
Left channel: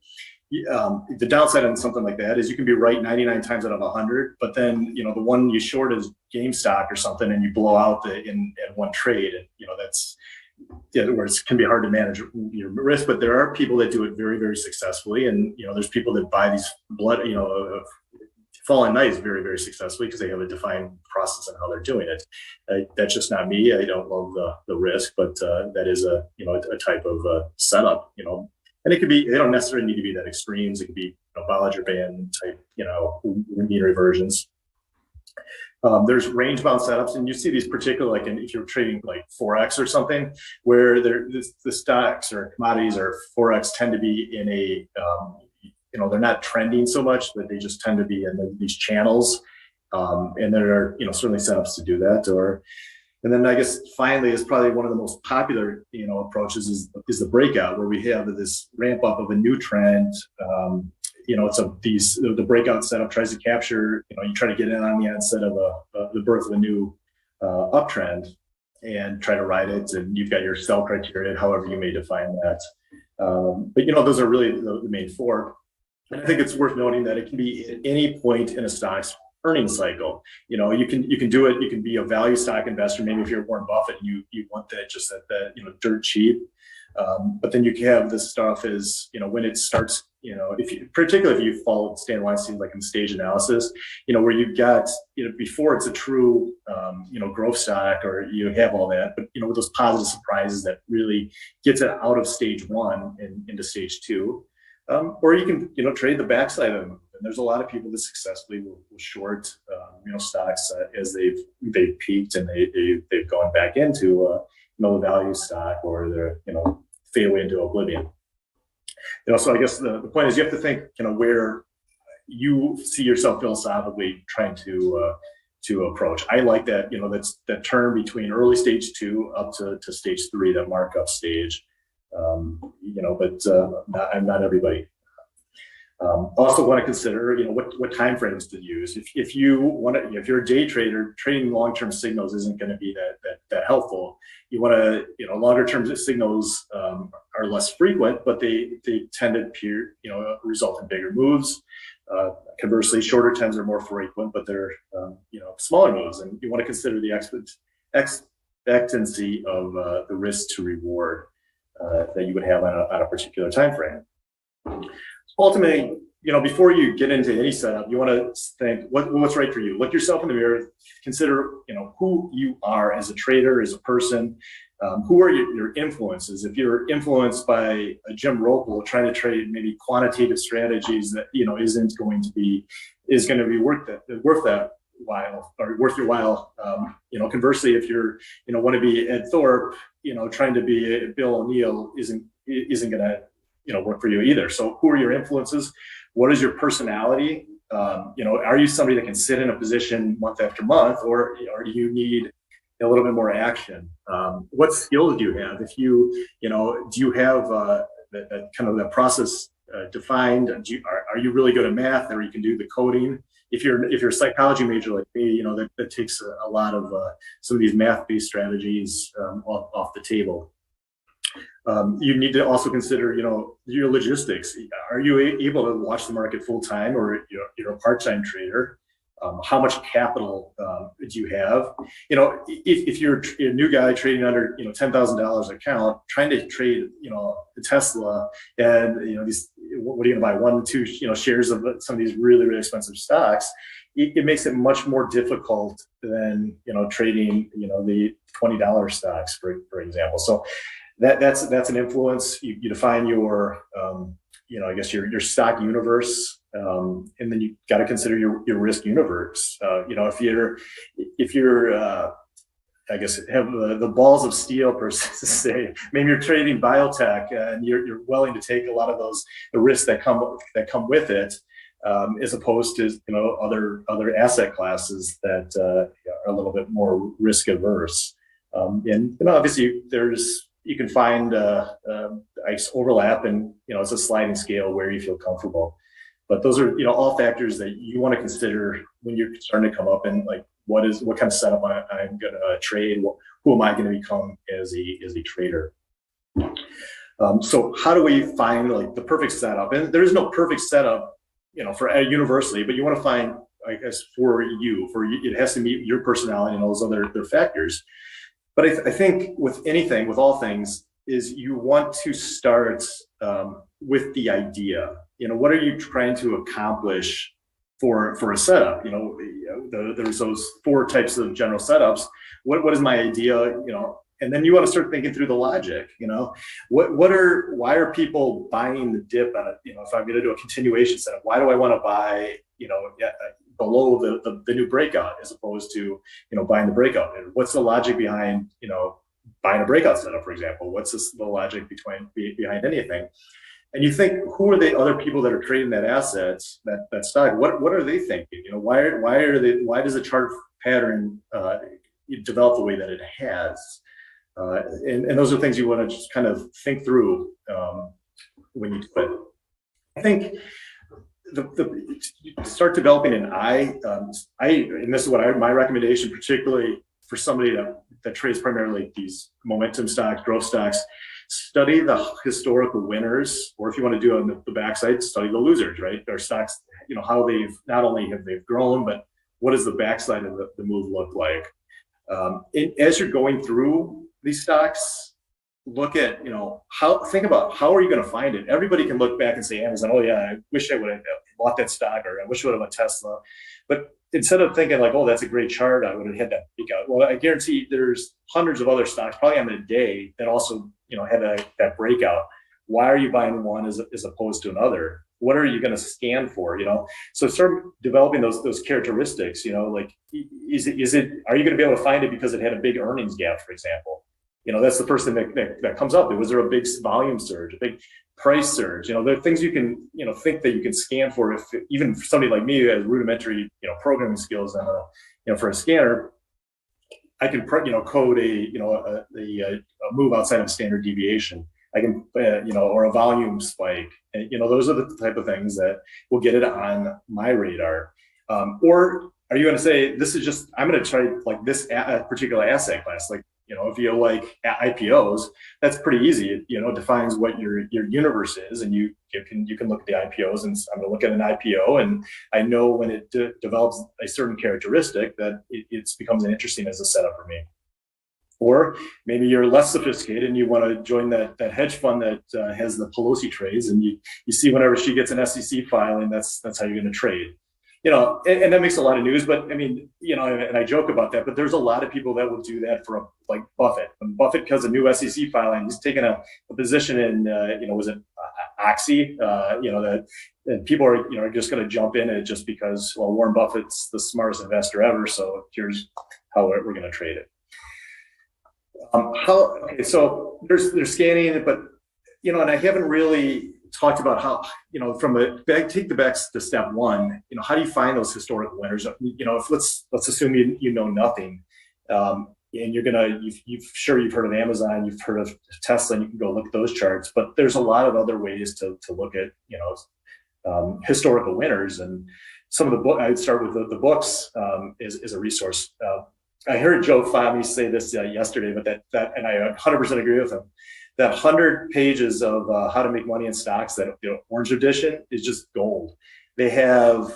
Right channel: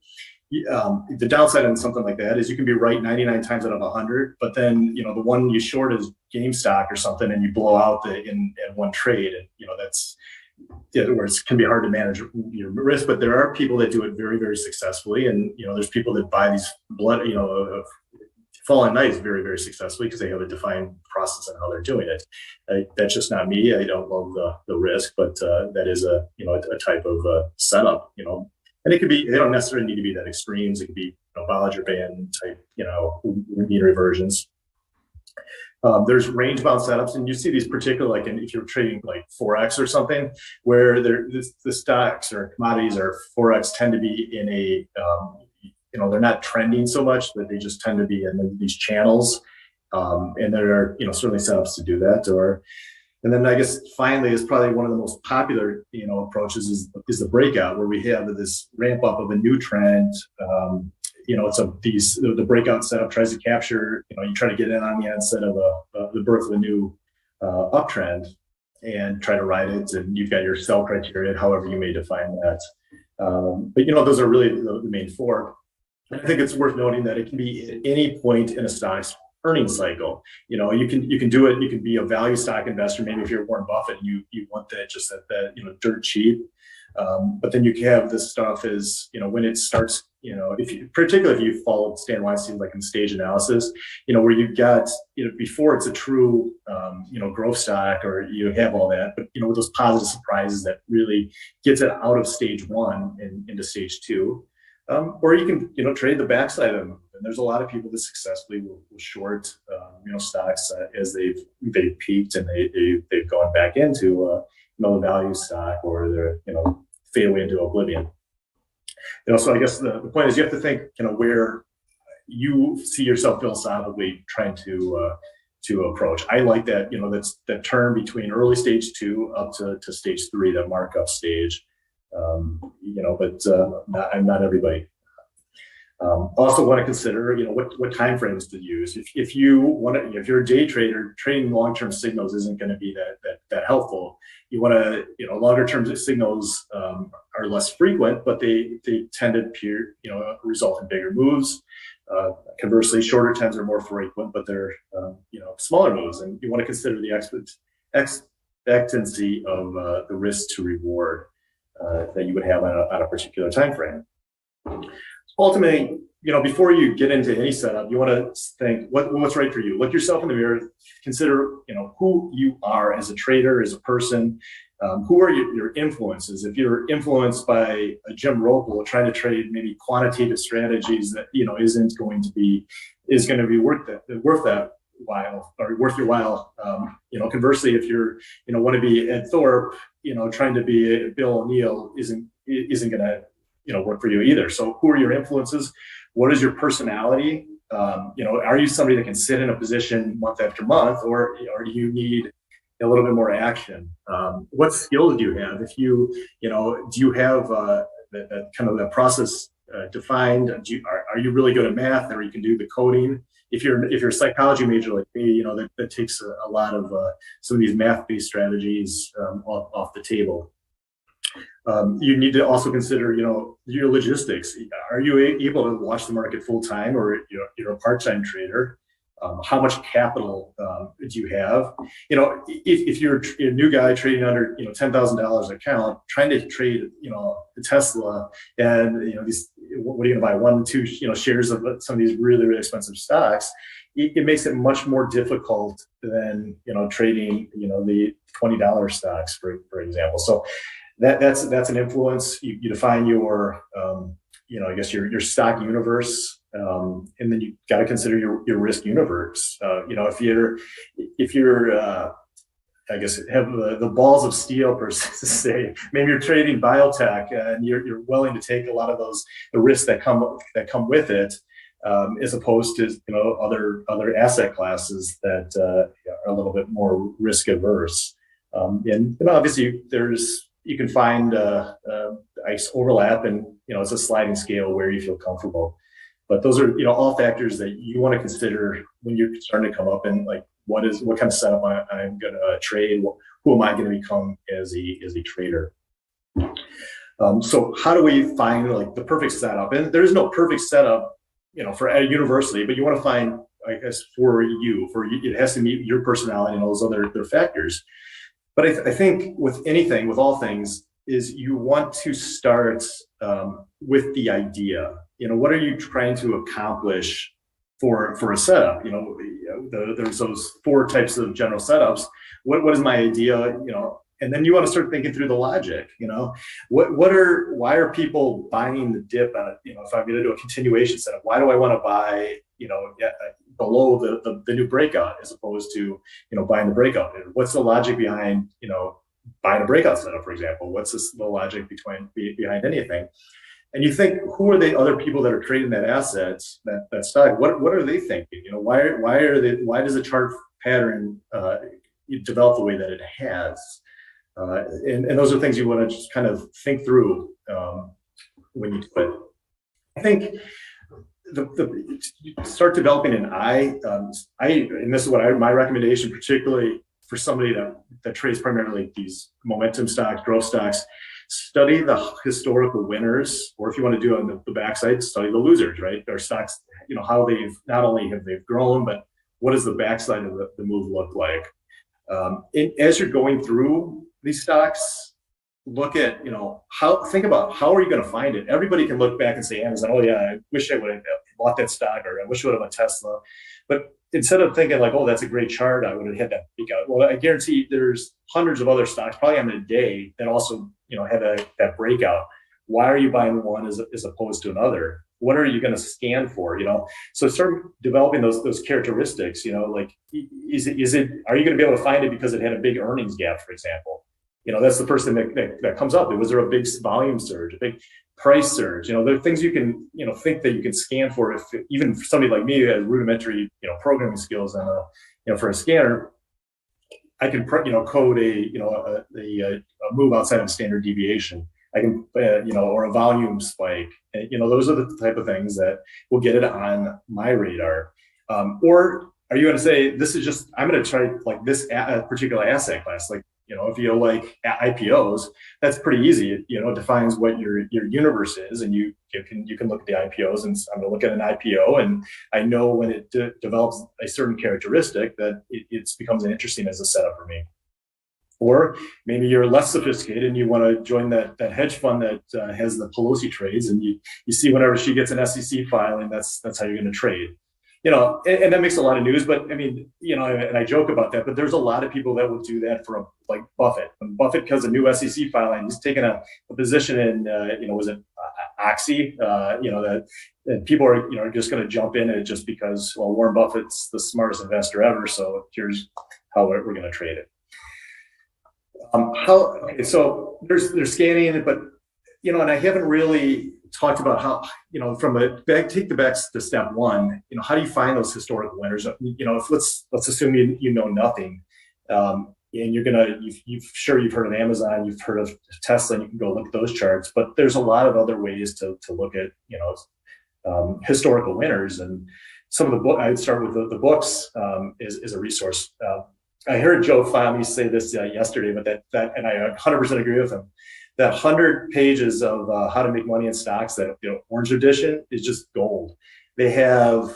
The downside on something like that is you can be right 99 times out of 100, but then the one you short is GameStop or something, and you blow out in one trade, and that's where it can be hard to manage your risk. But there are people that do it very, very successfully, and there's people that buy these falling knives very, very successfully because they have a defined process on how they're doing it. That's just not me. I don't love the risk, but that is a type of setup. And it could be, they don't necessarily need to be that extremes. It could be Bollinger Band type, mean reversions. There's range bound setups, and you see these particularly like if you're trading like Forex or something, where the stocks or commodities or Forex tend to be in a, they're not trending so much, but they just tend to be in these channels. And there are, certainly setups to do that. And then I guess finally is probably one of the most popular, approaches is the breakout, where we have this ramp up of a new trend. The breakout setup tries to capture, you try to get in on the onset of the birth of a new uptrend. and try to ride it. And you've got your sell criteria, however you may define that. But those are really the main four. And I think it's worth noting that it can be at any point in a stock's earnings cycle. You can do it. You can be a value stock investor. Maybe if you're Warren Buffett and you want that just at that dirt cheap. But then you can have this stuff is when it starts. Particularly if you followed Stan Weinstein like in stage analysis, where you've got before it's a true growth stock or you have all that, but with those positive surprises that really gets it out of stage one and into stage two. Or you can, trade the backside of them. And there's a lot of people that successfully will short, stocks as they've peaked and they've gone back into, the value stock or they're, fade away into oblivion. So I guess the point is you have to think, where you see yourself philosophically trying to approach. I like that, that's that term between early stage 2 up to stage 3, that markup stage. But not everybody. Also want to consider, what time frames to use. If you're a day trader, trading long-term signals isn't going to be that helpful. You want to, longer-term signals are less frequent, but they tend to result in bigger moves. Conversely, shorter trends are more frequent, but they're smaller moves, and you want to consider the expectancy of the risk to reward that you would have on a particular time frame. Ultimately, before you get into any setup, you want to think what's right for you. Look yourself in the mirror. Consider, who you are as a trader, as a person. Who are your influences? If you're influenced by a Jim Roppel trying to trade maybe quantitative strategies that is going to be worth that while or worth your while. Conversely, if you're want to be Ed Thorpe, trying to be Bill O'Neill isn't going to work for you either. So who are your influences? What is your personality? Are you somebody that can sit in a position month after month, or do you need a little bit more action? What skills do you have? If do you have that kind of that process defined? Are you really good at math, or you can do the coding? If you're a psychology major like me, that takes a lot of some of these math-based strategies off the table. You need to also consider, your logistics. Are you able to watch the market full time, or you're a part-time trader? How much capital do you have? If you're a new guy trading under $10,000 account, trying to trade a Tesla, and what are you going to buy, 1, 2 shares of some of these really, really expensive stocks? It makes it much more difficult than trading the $20 stocks, for example. So that's an influence. You define your I guess your stock universe, and then you got to consider your risk universe. If you're I guess have the balls of steel per se, maybe you're trading biotech and you're willing to take a lot of the risks that come with it, as opposed to other asset classes that are a little bit more risk averse. And obviously you can find ice overlap, and it's a sliding scale where you feel comfortable. But those are all factors that you want to consider when you're starting to come up, and like what kind of setup I'm going to trade. Who am I going to become as a trader? So how do we find the perfect setup? And there is no perfect setup, for universally, but you want to find, I guess, for you, it has to meet your personality and all those other factors. But I think with all things, is you want to start with the idea. What are you trying to accomplish for a setup? There's those 4 types of general setups. What is my idea? And then you want to start thinking through the logic. Why are people buying the dip on if I'm going to do a continuation setup? Why do I want to buy below the new breakout as opposed to buying the breakout? What's the logic behind buying a breakout setup, for example? What's the logic behind anything? And you think, who are the other people that are trading that asset, that stock? What are they thinking? Why does the chart pattern develop the way that it has? And those are things you want to just kind of think through when you do it. I think start developing an eye. And this is what my recommendation, particularly for somebody that trades primarily these momentum stocks, growth stocks, study the historical winners, or if you want to do it on the backside, study the losers, right? Their stocks, how they've not only have they've grown, but what does the backside of the move look like? As you're going through these stocks, look at, think about how are you going to find it? Everybody can look back and say Amazon, oh yeah, I wish I would have bought that stock, or I wish I would have bought Tesla. But instead of thinking like, oh, that's a great chart, I would have hit that peak out. Well, I guarantee there's hundreds of other stocks probably on the day that also, had that breakout. Why are you buying one as opposed to another? What are you going to scan for? So start developing those characteristics. Like, is it? Are you going to be able to find it because it had a big earnings gap, for example? That's the first thing that comes up. Was there a big volume surge, a big price surge? There are things you can think that you can scan for. If even for somebody like me who has rudimentary programming skills and for a scanner, I can code a move outside of standard deviation. I can or a volume spike. And, those are the type of things that will get it on my radar. Or are you going to say this is just I'm going to try like this particular asset class? Like if you like IPOs, that's pretty easy. It defines what your universe is, and you can look at the IPOs, and I'm going to look at an IPO, and I know when it develops a certain characteristic that it becomes an interesting as a setup for me. Or maybe you're less sophisticated and you want to join that hedge fund that has the Pelosi trades, and you see whenever she gets an SEC filing, that's how you're going to trade. And that makes a lot of news, but I mean, and I joke about that, but there's a lot of people that will do that for like Buffett. When Buffett has a new SEC filing, he's taking a position in, was it Oxy? That people are just going to jump in it just because, well, Warren Buffett's the smartest investor ever, so here's how we're going to trade it. So there's scanning, but and I haven't really talked about how take the back to step one. How do you find those historical winners? If let's assume you know nothing, and you've heard of Amazon, you've heard of Tesla, and you can go look at those charts. But there's a lot of other ways to look at historical winners, and some of the book. I'd start with the books is a resource. I heard Joe Fahmy say this yesterday, but that and I 100% agree with him. That 100 pages of how to make money in stocks, that Orange Edition, is just gold. They have,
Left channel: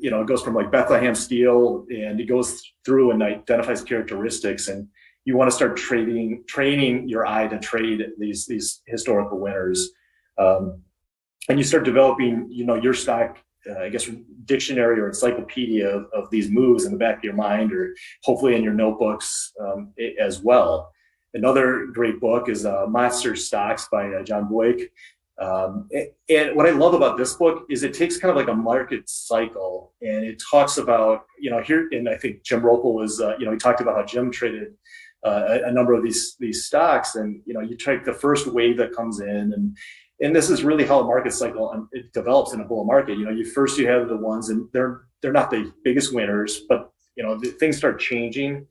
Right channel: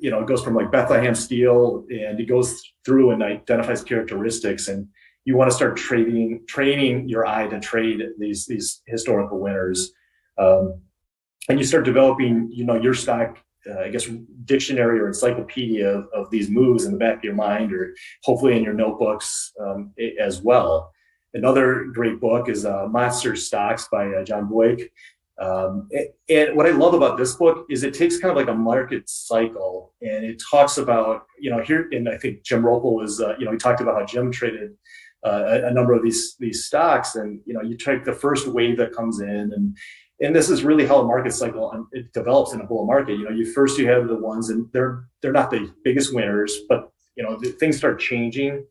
it goes from like Bethlehem Steel, and it goes through and identifies characteristics, and you want to start training your eye to trade these historical winners, and you start developing, your stock. Dictionary or encyclopedia of these moves in the back of your mind, or hopefully in your notebooks as well. Another great book is Monster Stocks by John Boyk. And what I love about this book is it takes kind of like a market cycle, and it talks about, here, and I think Jim Roppel was, he talked about how Jim traded a number of these stocks, and, you take the first wave that comes in, and this is really how a market cycle it develops in a bull market. You have the ones, and they're not the biggest winners, but things start changing,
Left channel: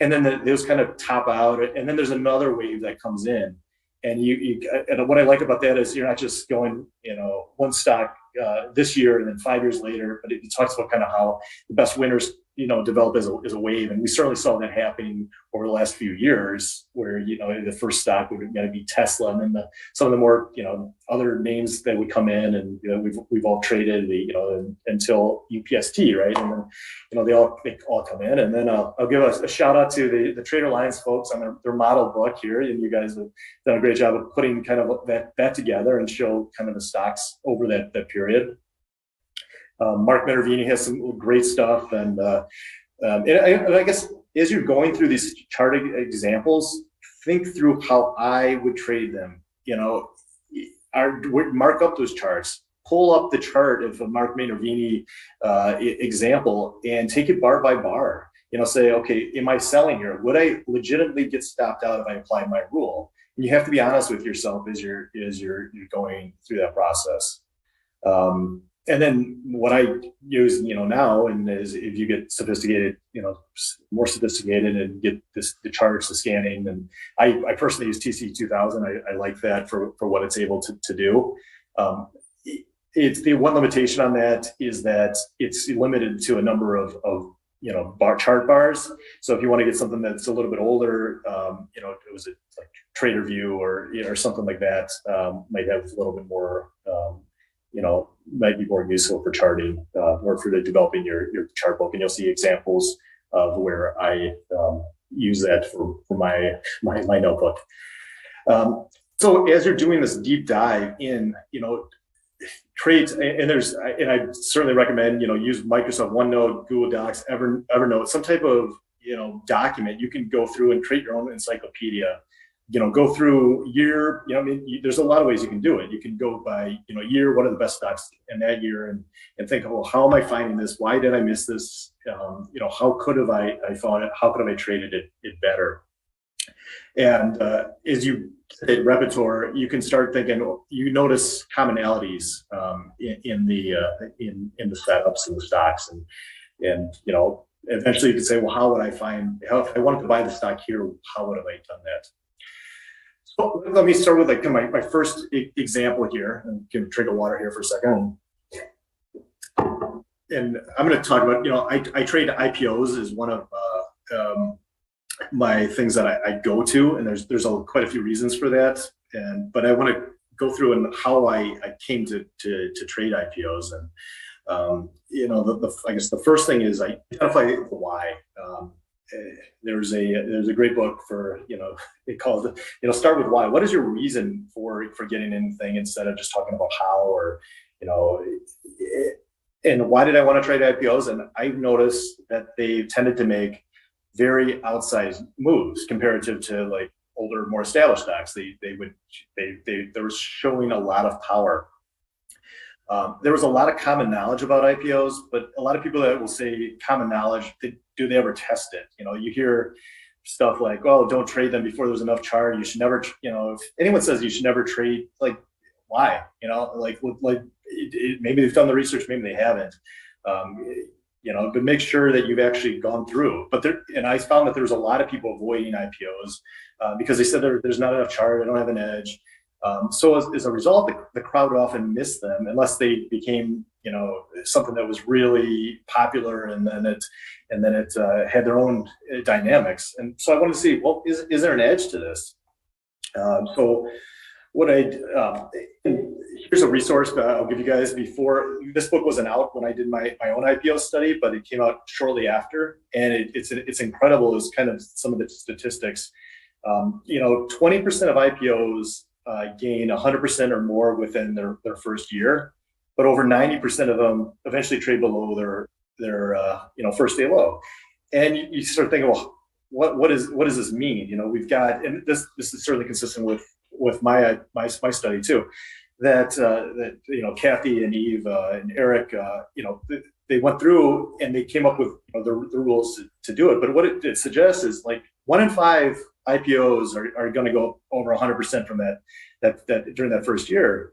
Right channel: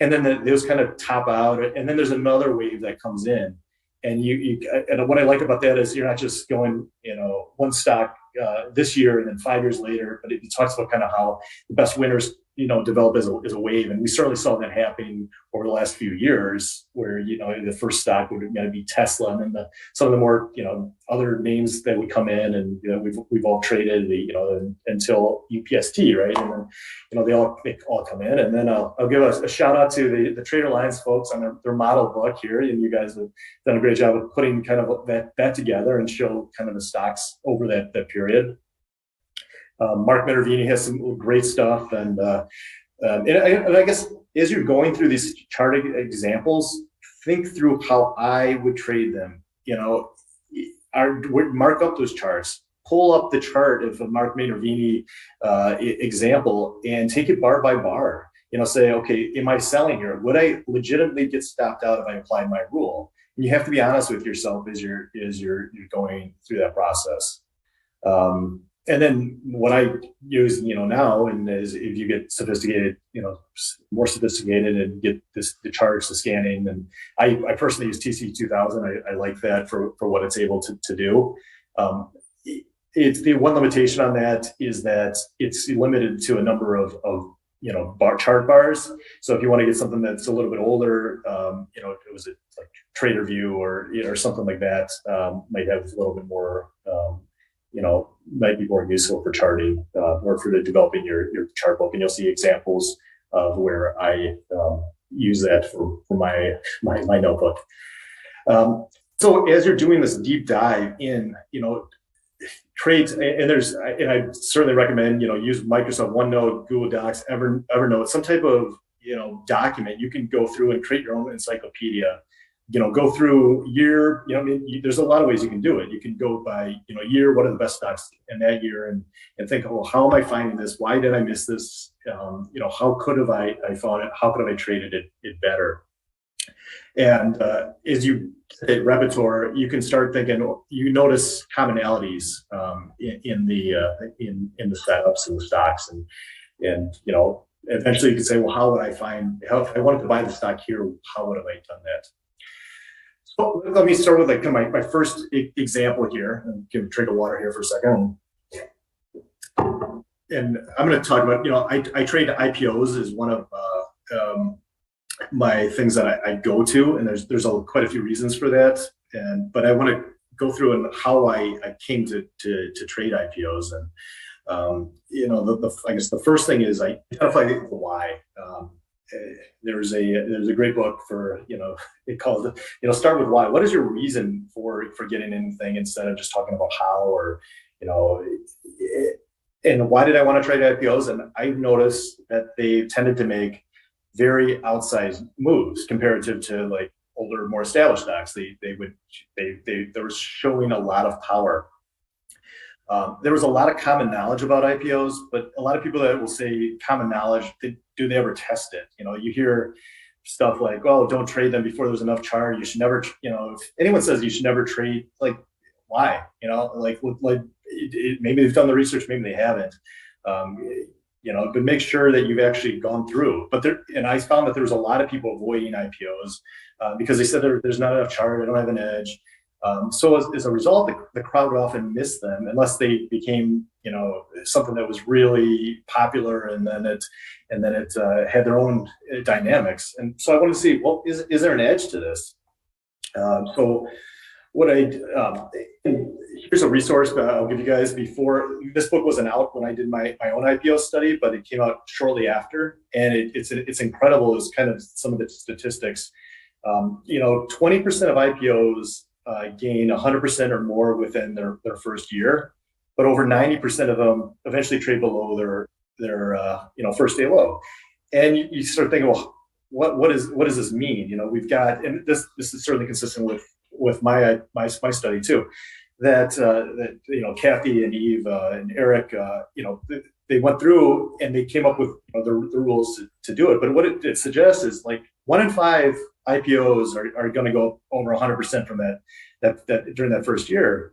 and then those kind of top out, and then there's another wave that comes in, and and what I like about that is you're not just going one stock this year and then 5 years later, but it talks about kind of how the best winners develop as a wave, and we certainly saw that happening over the last few years, where the first stock would going to be Tesla, and then some of the more other names that would come in, and we've all traded until UPST, right? And then they all come in, and then I'll give a shout out to the TraderLion folks on their model book here, and you guys have done a great job of putting kind of that together and show kind of the stocks over that period. Mark Minervini has some great stuff, and I guess as you're going through these chart examples, think through how I would trade them. Mark up those charts, pull up the chart of a Mark Minervini example, and take it bar by bar. Say, okay, am I selling here? Would I legitimately get stopped out if I applied my rule? And you have to be honest with yourself as you're going through that process. And then what I use, now, and is if you get sophisticated, more sophisticated, and get the charts, the scanning, and I personally use TC2000. I like that for what it's able to do. It's the one limitation on that is that it's limited to a number of chart bars. So if you want to get something that's a little bit older, it was like TraderView or something like that, might have a little bit more, might be more useful for charting or for developing your chart book. And you'll see examples of where I use that for my notebook. So as you're doing this deep dive in, trades, and I certainly recommend, use Microsoft OneNote, Google Docs, Evernote, some type of, document. You can go through and create your own encyclopedia, go through year, there's a lot of ways you can do it. You can go by, year, what are the best stocks in that year, and think, well, how am I finding this? Why did I miss this? How could have I found it? How could have I traded it better? And as you hit repertoire, you can start thinking. You notice commonalities in the setups and the stocks, and eventually you can say, well, how would I find? If I wanted to buy the stock here, how would have I done that? So let me start with like my first example here, and give a drink of water here for a second. And I'm going to talk about, I trade IPOs as one of my things that I go to, and there's quite a few reasons for that. But I want to go through and how I came to trade IPOs. And I guess the first thing is I identify the why. There's a great book for it calls it start with why. What is your reason for getting anything, instead of just talking about how, or and why did I want to trade IPOs? And I've noticed that they tended to make very outsized moves comparative to like older, more established stocks. They were showing a lot of power. There was a lot of common knowledge about IPOs, but a lot of people that will say common knowledge, do they ever test it? You hear stuff like, "Oh, don't trade them before there's enough chart. You should never," if anyone says you should never trade, like, why? Maybe they've done the research, maybe they haven't. But make sure that you've actually gone through. And I found that there was a lot of people avoiding IPOs because they said there's not enough chart, I don't have an edge. So as a result, the crowd would often miss them unless they became, something that was really popular, and then it had their own dynamics. And so I wanted to see, well, is there an edge to this? So what here's a resource I'll give you guys. Before this book wasn't out when I did my own IPO study, but it came out shortly after, and it's incredible. It's kind of some of the statistics. 20% of IPOs gain 100% or more within their first year, but over 90% of them eventually trade below their first day low. And you start thinking, well, what does this mean? We've got, and this is certainly consistent with my study too, that Kathy and Eve and Eric, they went through and they came up with the rules to do it. But what it suggests is like 1 in 5 IPOs are going to go over 100% from that during that first year.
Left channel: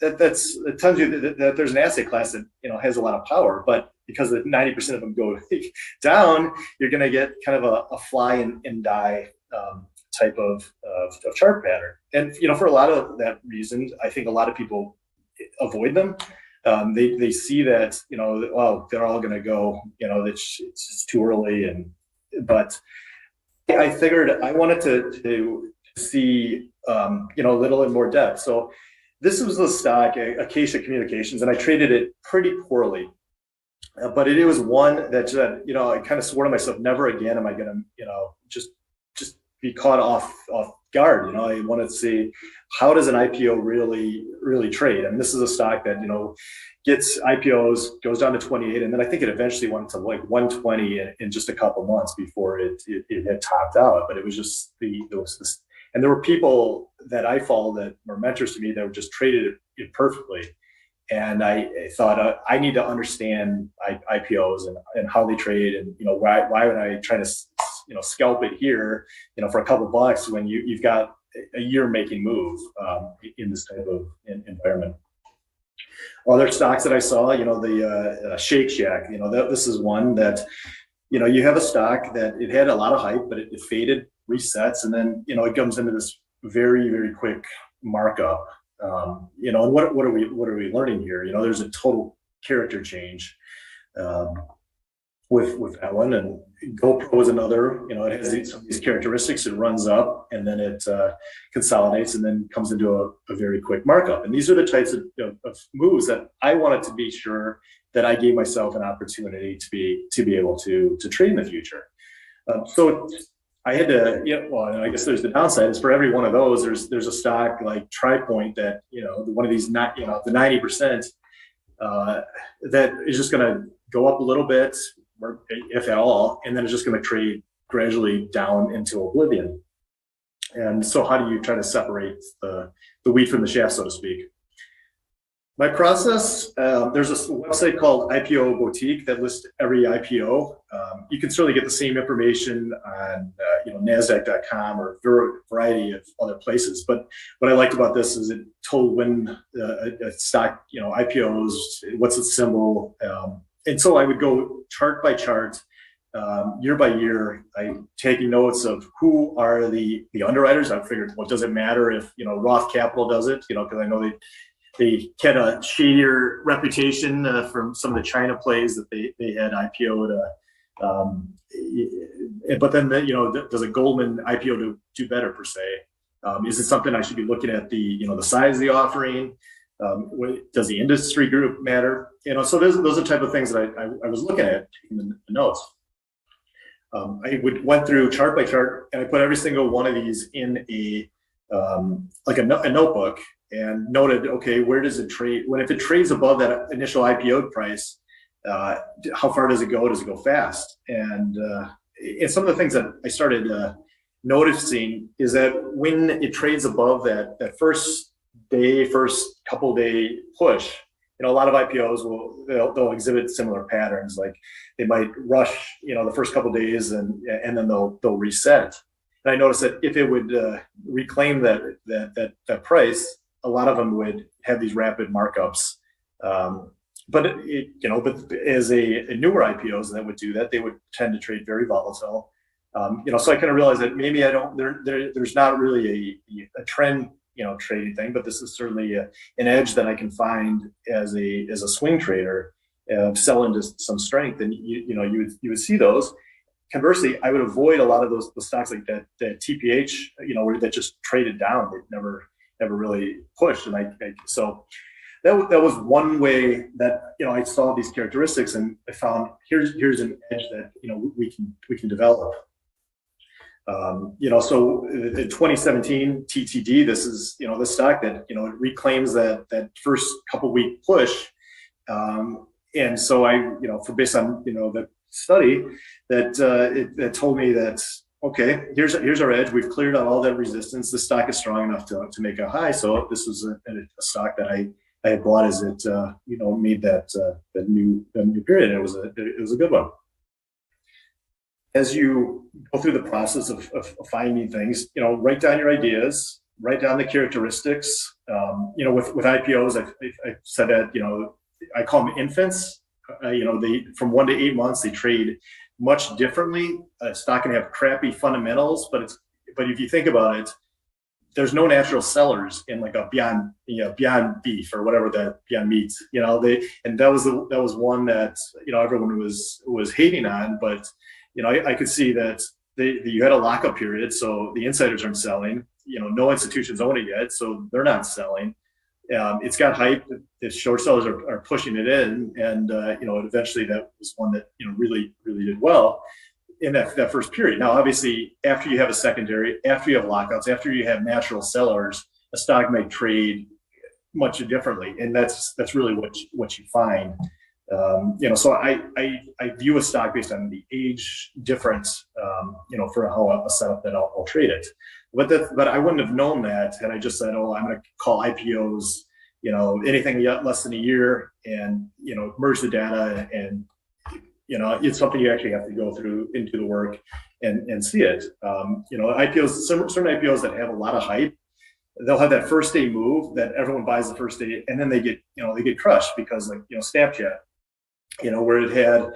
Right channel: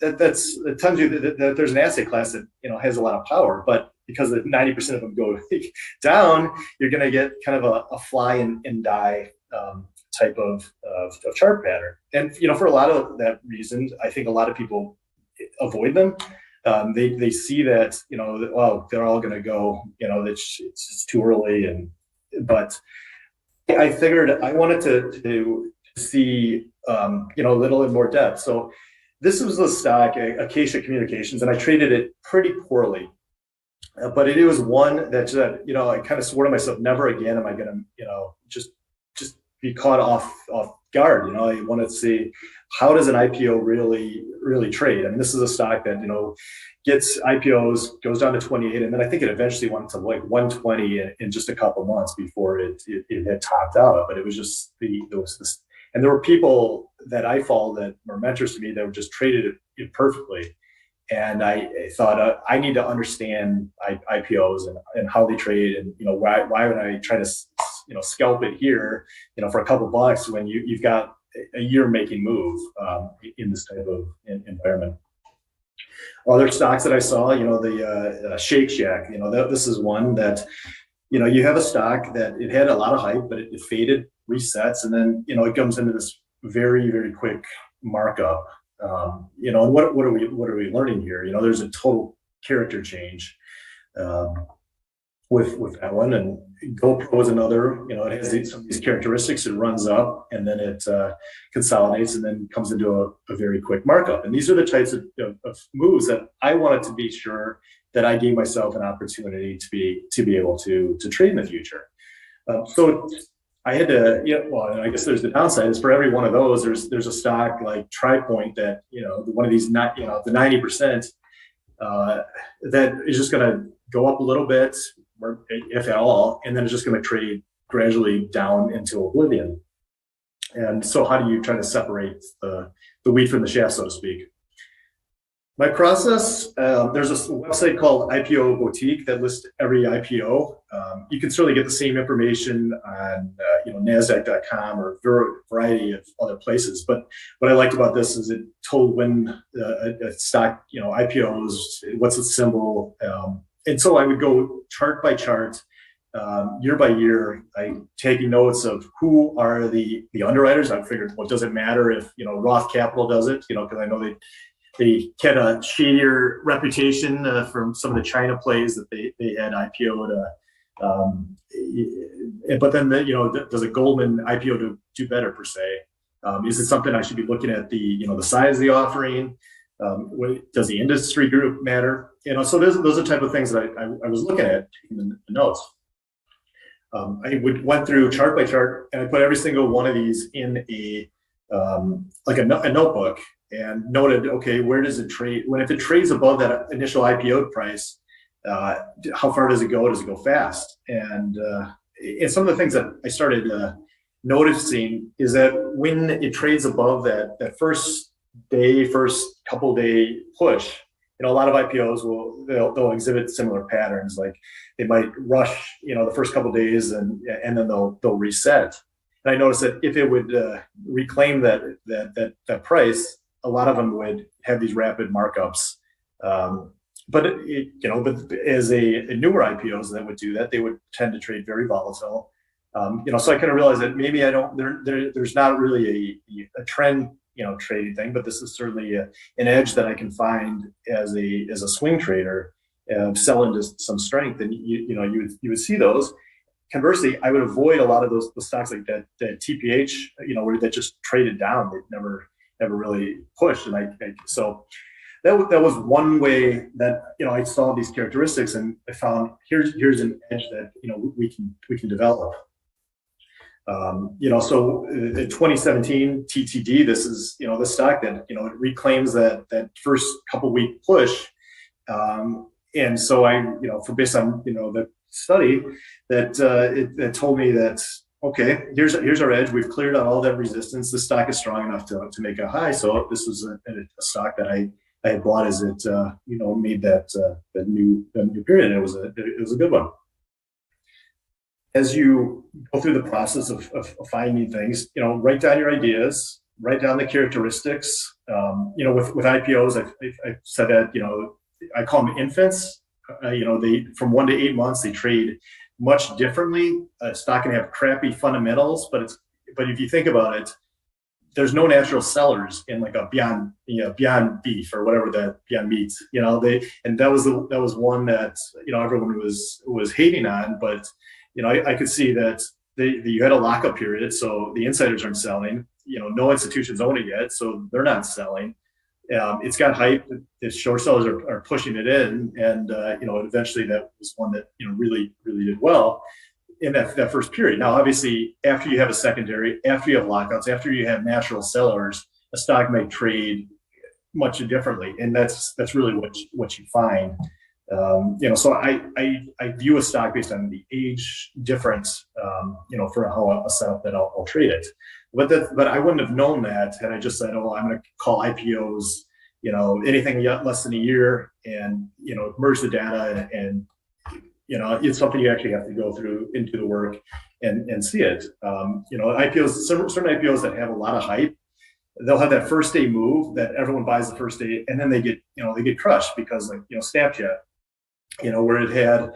That tells you that there's an asset class that has a lot of power, but because 90% of them go down, you're going to get kind of a fly and die type of chart pattern. And for a lot of that reason, I think a lot of people avoid them. They see that well, they're all going to go. It's too early, but I figured I wanted to see a little in more depth. So this was the stock, Acacia Communications, and I traded it pretty poorly. But it was one that I kind of swore to myself, never again am I going to just be caught off guard. I wanted to see, how does an IPO really trade? And this is a stock that gets IPOs, goes down to 28, and then I think it eventually went to like 120 in just a couple months before it had topped out. But it was just this, and there were people that I followed that were mentors to me that were just traded it perfectly. And I thought I need to understand IPOs and how they trade, and why would I try to scalp it here for a couple bucks when you've got a year making move in this type of environment. Other stocks that I saw, the Shake Shack, this is one that you have a stock that it had a lot of hype, but it faded, resets, and then it comes into this very, very quick markup. And what are we learning here? There's a total character change. with that one. And GoPro is another. You know, it has some of these characteristics. It runs up and then it consolidates and then comes into a very quick markup. And these are the types of moves that I wanted to be sure that I gave myself an opportunity to be able to trade in the future. So I had to, well, I guess there's the downside is for every one of those, there's a stock like TriPoint that, one of these, not, the 90% that is just going to go up a little bit, or if at all, and then it's just going to trade gradually down into oblivion. And so how do you try to separate the wheat from the chaff, so to speak? My process, there's a website called IPO Boutique that lists every IPO. You can certainly get the same information on NASDAQ.com or a variety of other places. But what I liked about this is it told when a stock IPOs, what's its symbol. And so I would go chart by chart, year by year, taking notes of who are the underwriters. I figured, well, does it matter if Roth Capital does it? Because I know they get a shadier reputation from some of the China plays that they had IPO'd. But then, does a Goldman IPO do better per se? Is it something I should be looking at the size of the offering? Does the industry group matter? So those are the type of things that I was looking at in the notes. I went through chart by chart and I put every single one of these in a notebook. And noted, okay, where does it trade? If it trades above that initial IPO price, how far does it go? Does it go fast? And some of the things that I started noticing is that when it trades above that first couple day push, a lot of IPOs they'll exhibit similar patterns. Like they might rush, the first couple days and then they'll reset. And I noticed that if it would reclaim that price, a lot of them would have these rapid markups, but as a newer IPOs that would do that, they would tend to trade very volatile. So I kind of realized that maybe there's not really a trend, trading thing, but this is certainly an edge that I can find as a swing trader, sell into some strength, and you would see those. Conversely, I would avoid a lot of the stocks like that TPH, where that just traded down. They've never really pushed, and so that was one way that I saw these characteristics, and I found here's an edge that we can develop. So in 2017 TTD, this is the stock that it reclaims that first couple week push, and so I based on the study that told me that, okay, here's our edge. We've cleared out all that resistance. The stock is strong enough to make a high. So this was a stock that I had bought as it made that new period. And it was a good one. As you go through the process of finding things, write down your ideas, write down the characteristics. With IPOs, I said that I call them infants. They from 1 to 8 months they trade much differently. A stock can have crappy fundamentals, but if you think about it, there's no natural sellers in like a Beyond Beef or whatever that Beyond Meat. And that was one that everyone was hating on, but I could see that you had a lockup period, so the insiders aren't selling. No institutions own it yet, so they're not selling. It's got hype. The short sellers are pushing it in, and eventually that was one that really did well in that first period. Now, obviously, after you have a secondary, after you have lockouts, after you have natural sellers, a stock may trade much differently, and that's really what you find. So I view a stock based on the age difference, for how a setup that I'll trade it. But I wouldn't have known that had I just said, oh, I'm going to call IPOs, anything less than a year, and merge the data, and it's something you actually have to go through into the work and see it. IPOs, certain IPOs that have a lot of hype, they'll have that first day move that everyone buys the first day, and then they get crushed because Snapchat, where it had.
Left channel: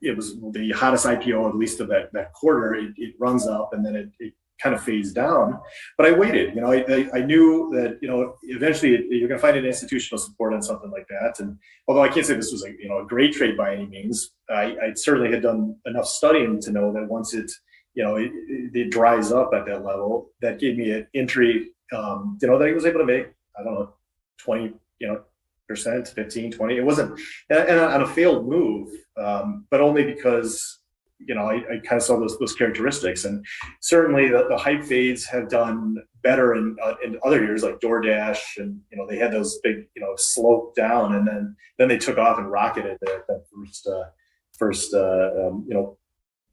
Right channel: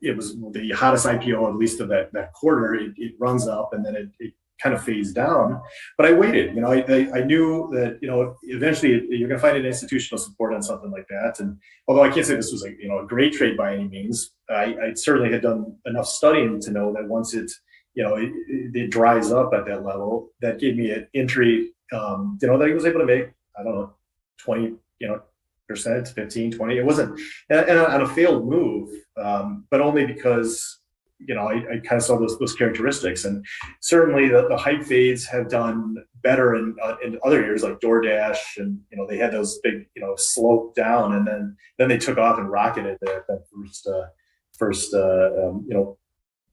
It was the hottest IPO, at least of that quarter. It runs up and then it kind of phase down. But I waited. I knew that eventually you're going to find an institutional support on something like that. And although I can't say this was a great trade by any means, I certainly had done enough studying to know that once it dries up at that level, that gave me an entry. That I was able to make, I don't know, 20 percent, 15, 20. It wasn't and on a failed move, but only because I kind of saw those characteristics. And certainly the hype fades have done better in other years, like DoorDash, and they had those big slope down, and then they took off and rocketed that first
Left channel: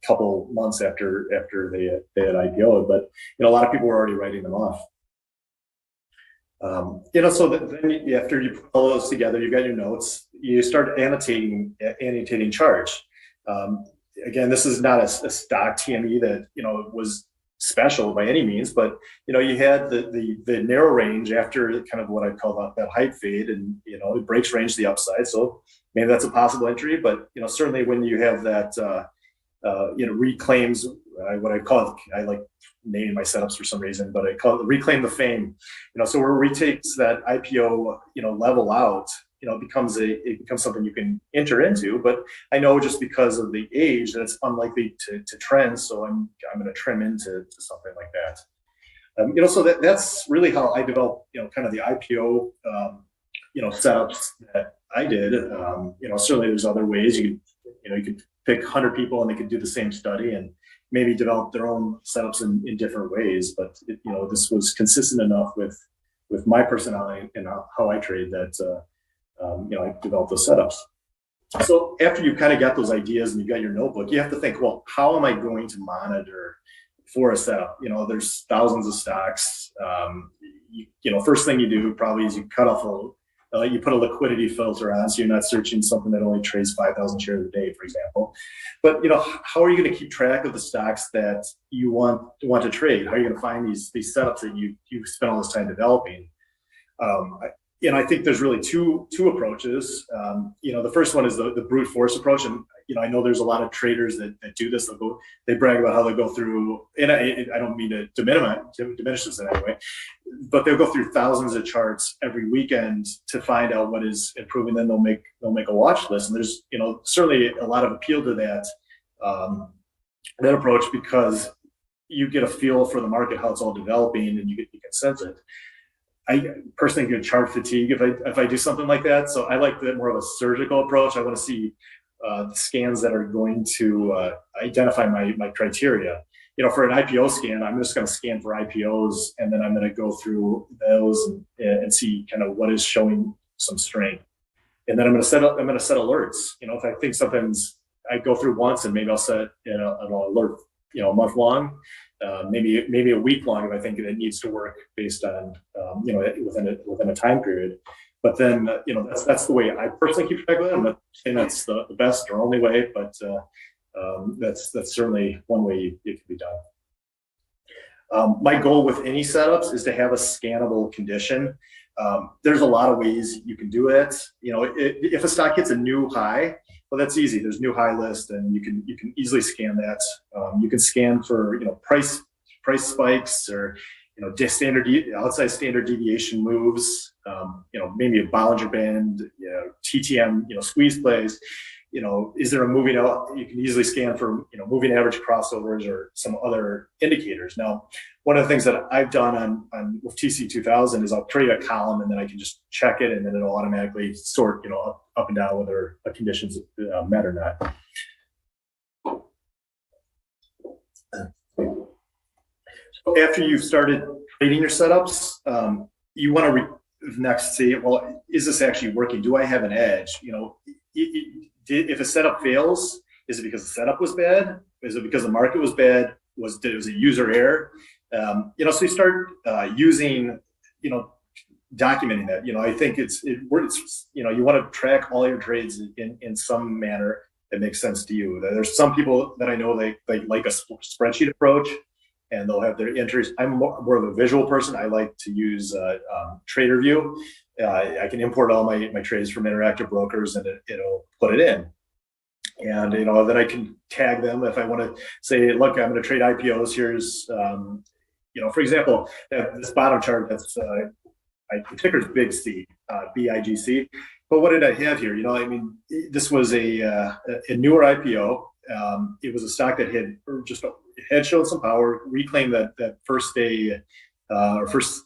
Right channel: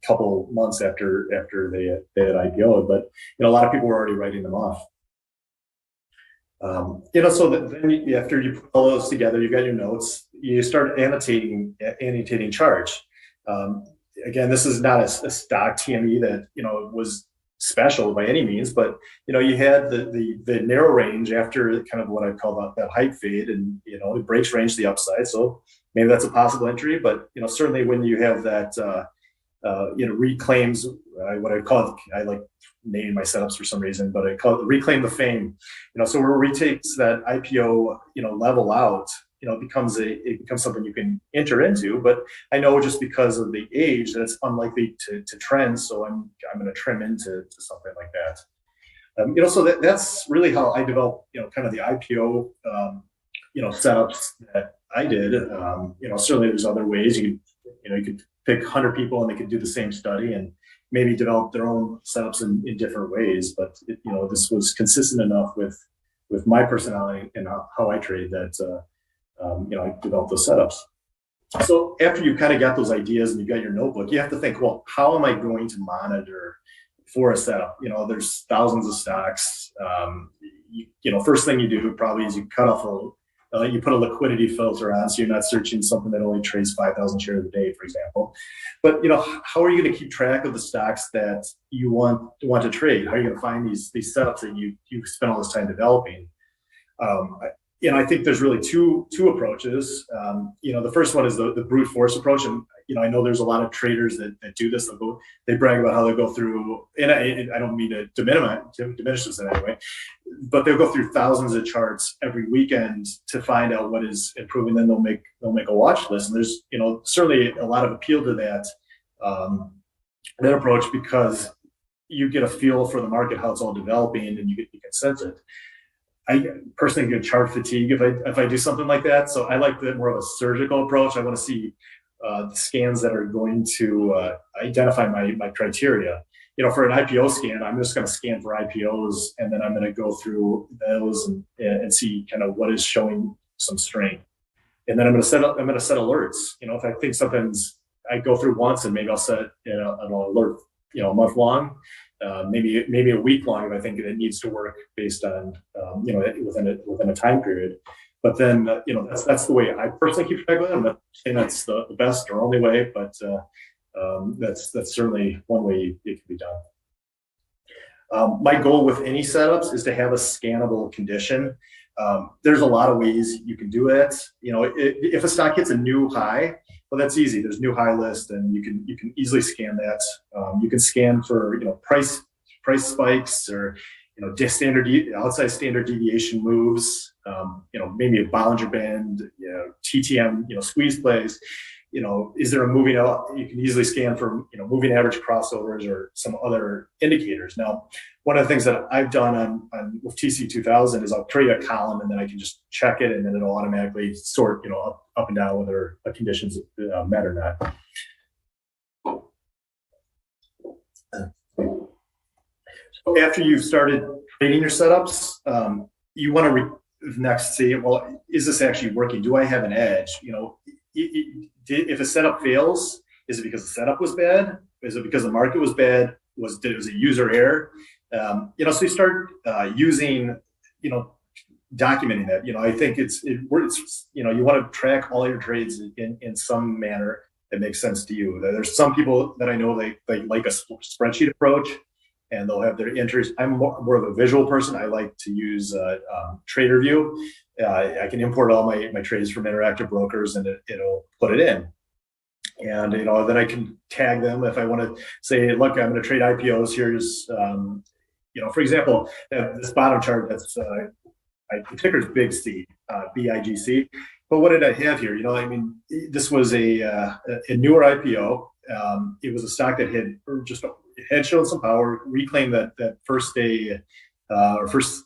couple months after they had IPO'd. But a lot of people were already writing them off. So then after you put all those together, you've got your notes, you start annotating charts. Again, this is not a stock TME that was special by any means, but you had the narrow range after kind of what I call that hype fade, and it breaks range to the upside. So maybe that's a possible entry, but certainly when you have that reclaims, what I call it, I like naming my setups for some reason, but I call it reclaim the fame. So where it retakes that IPO level out, it becomes something you can enter into. But I know just because of the age that it's unlikely to trend, so I'm going to trim into something like that. So that's really how I developed kind of the IPO setups that I did. Certainly there's other ways you could pick 100 people and they could do the same study and maybe develop their own setups in different ways. But this was consistent enough with my personality and how I trade that I developed those setups. So after you kind of got those ideas and you got your notebook, you have to think, well, how am I going to monitor for a setup? There's thousands of stocks. First thing you do probably is you cut off you put a liquidity filter on, so you're not searching something that only trades 5,000 shares a day, for example. But how are you going to keep track of the stocks that you want to trade? How are you going to find these setups that you spent all this time developing? I think there's really two approaches. The first one is the brute force approach, and I know there's a lot of traders that do this. They brag about how they go through, and I don't mean to diminish this in any way, but they'll go through thousands of charts every weekend to find out what is improving. Then they'll make a watch list, and there's certainly a lot of appeal to that approach, because you get a feel for the market, how it's all developing, and you can sense it. I personally get chart fatigue if I do something like that. So I like more of a surgical approach. I want to see the scans that are going to identify my criteria. For an IPO scan, I'm just going to scan for IPOs, and then I'm going to go through those and see kind of what is showing some strength. And then I'm going to set alerts. If I think something's, I go through once, and maybe I'll set an alert, a month long. Maybe a week long if I think it needs to work based on within a time period. But then that's the way I personally keep track of it. I'm not saying that's the best or only way, but that's certainly one way it can be done. My goal with any setups is to have a scannable condition. There's a lot of ways you can do it. If a stock hits a new high, well, that's easy. There's new high list, and you can easily scan that. You can scan for price spikes, or outside standard deviation moves. Maybe a Bollinger Band, TTM, squeeze plays. Is there a moving out? You can easily scan for moving average crossovers or some other indicators. Now, one of the things that I've done with TC2000 is I'll create a column, and then I can just check it, and then it'll automatically sort up and down whether conditions met or not. So after you've started creating your setups, you want to next see, well, is this actually working? Do I have an edge? If a setup fails, is it because the setup was bad? Is it because the market was bad? Was it user error? So you start using, documenting that. I think it's you want to track all your trades in some manner that makes sense to you. There's some people that I know they like a spreadsheet approach, and they'll have their entries. I'm more of a visual person. I like to use TraderView. I can import all my trades from Interactive Brokers, and it'll put it in. And then I can tag them if I want to say, look, I'm going to trade IPOs. Here's for example, this bottom chart, that's the ticker is Big C, BIGC. But what did I have here? This was a newer IPO. It was a stock that had shown some power, reclaimed that first day or first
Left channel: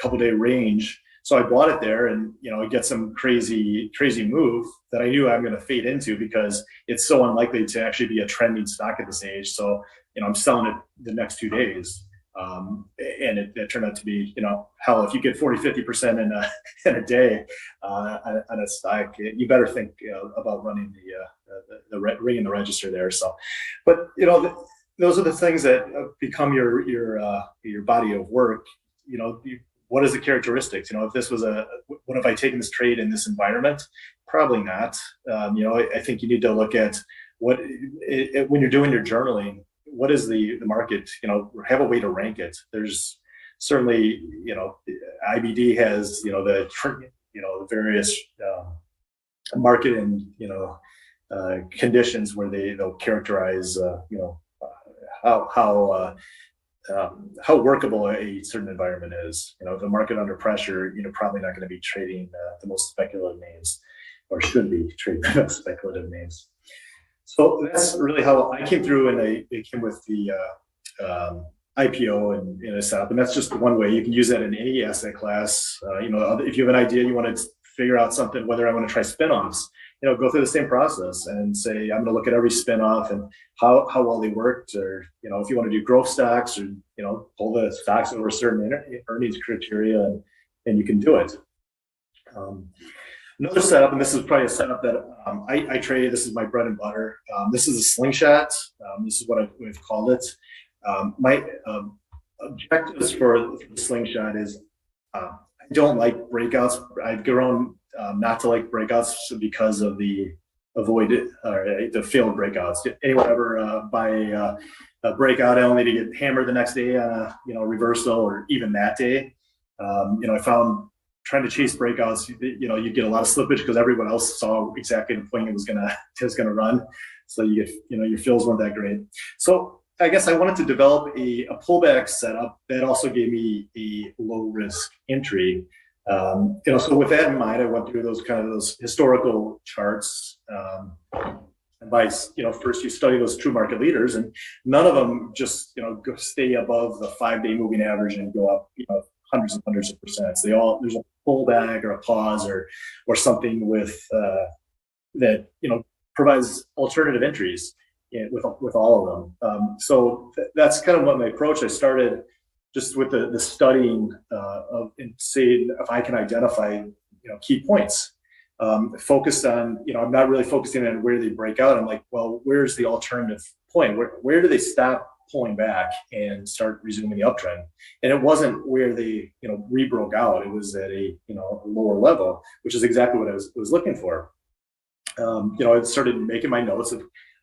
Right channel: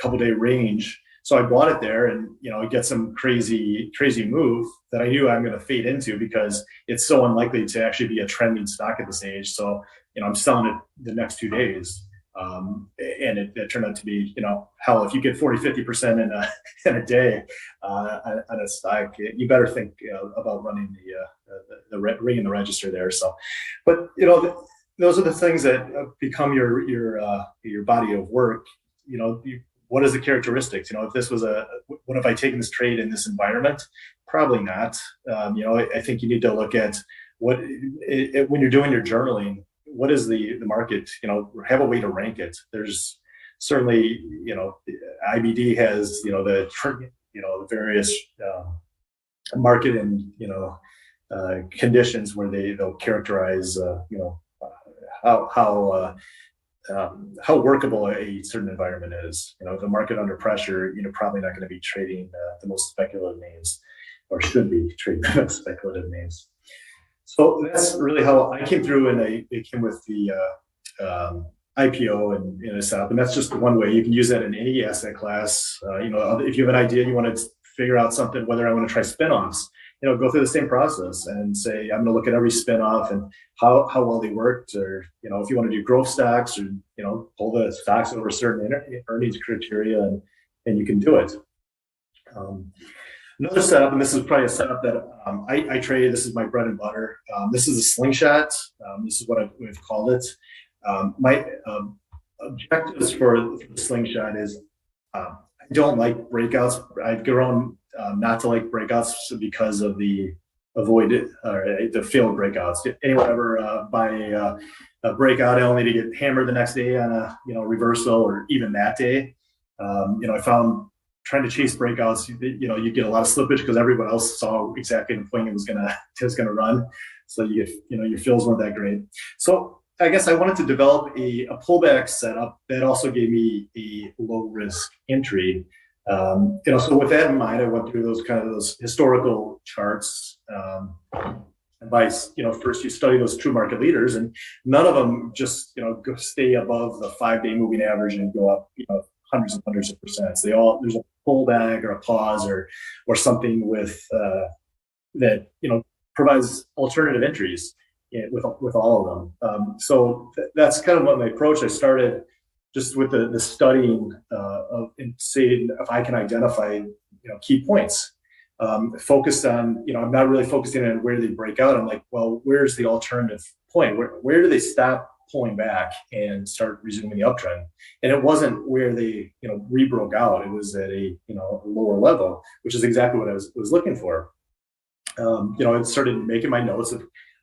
couple day range. So I bought it there, and it gets some crazy move that I knew I'm going to fade into because it's so unlikely to actually be a trending stock at this age. So I'm selling it the next 2 days. And it turned out to be, hell, if you get 40-50% in a day on a stock, you better think about running the ringing the register there. So, but those are the things that become your body of work. What is the characteristics? If this was what have I taken this trade in this environment? Probably not. I think you need to look at when you're doing your journaling. What is the market? Have a way to rank it. There's certainly, IBD has, the various market and, conditions where they'll characterize, how workable a certain environment is. The market under pressure, probably not going to be trading the most speculative names, or should be trading the most speculative names. So that's really how I came through, and it came with the IPO and a setup, and that's just one way. You can use that in any asset class. If you have an idea, you want to figure out something, whether I want to try spinoffs, go through the same process and say, I'm going to look at every spinoff and how well they worked, or if you want to do growth stocks, or pull the stocks over certain earnings criteria, and you can do it. Another setup, and this is probably a setup that I trade. This is my bread and butter. This is a slingshot. This is what we've called it. My objectives for the slingshot is I don't like breakouts. I've grown not to like breakouts because of the failed breakouts. Anyone ever buy a breakout only to get hammered the next day on a reversal, or even that day? I found trying to chase breakouts, you get a lot of slippage because everyone else saw exactly the point it was gonna run. So you get, your fills weren't that great. So I guess I wanted to develop a pullback setup that also gave me a low risk entry. So with that in mind, I went through those historical charts. And by, first you study those true market leaders, and none of them just, stay above the 5-day moving average and go up, hundreds and hundreds of percents. There's a pullback or a pause or something with that provides alternative entries with all of them. So that's kind of what my approach. I started just with the studying of, and seeing if I can identify key points. Focused on, I'm not really focusing on where they break out. I'm like, well, where's the alternative point? Where do they stop pulling back and start resuming the uptrend? And it wasn't where they re-broke out. It was at a lower level, which is exactly what I was looking for. I started making my notes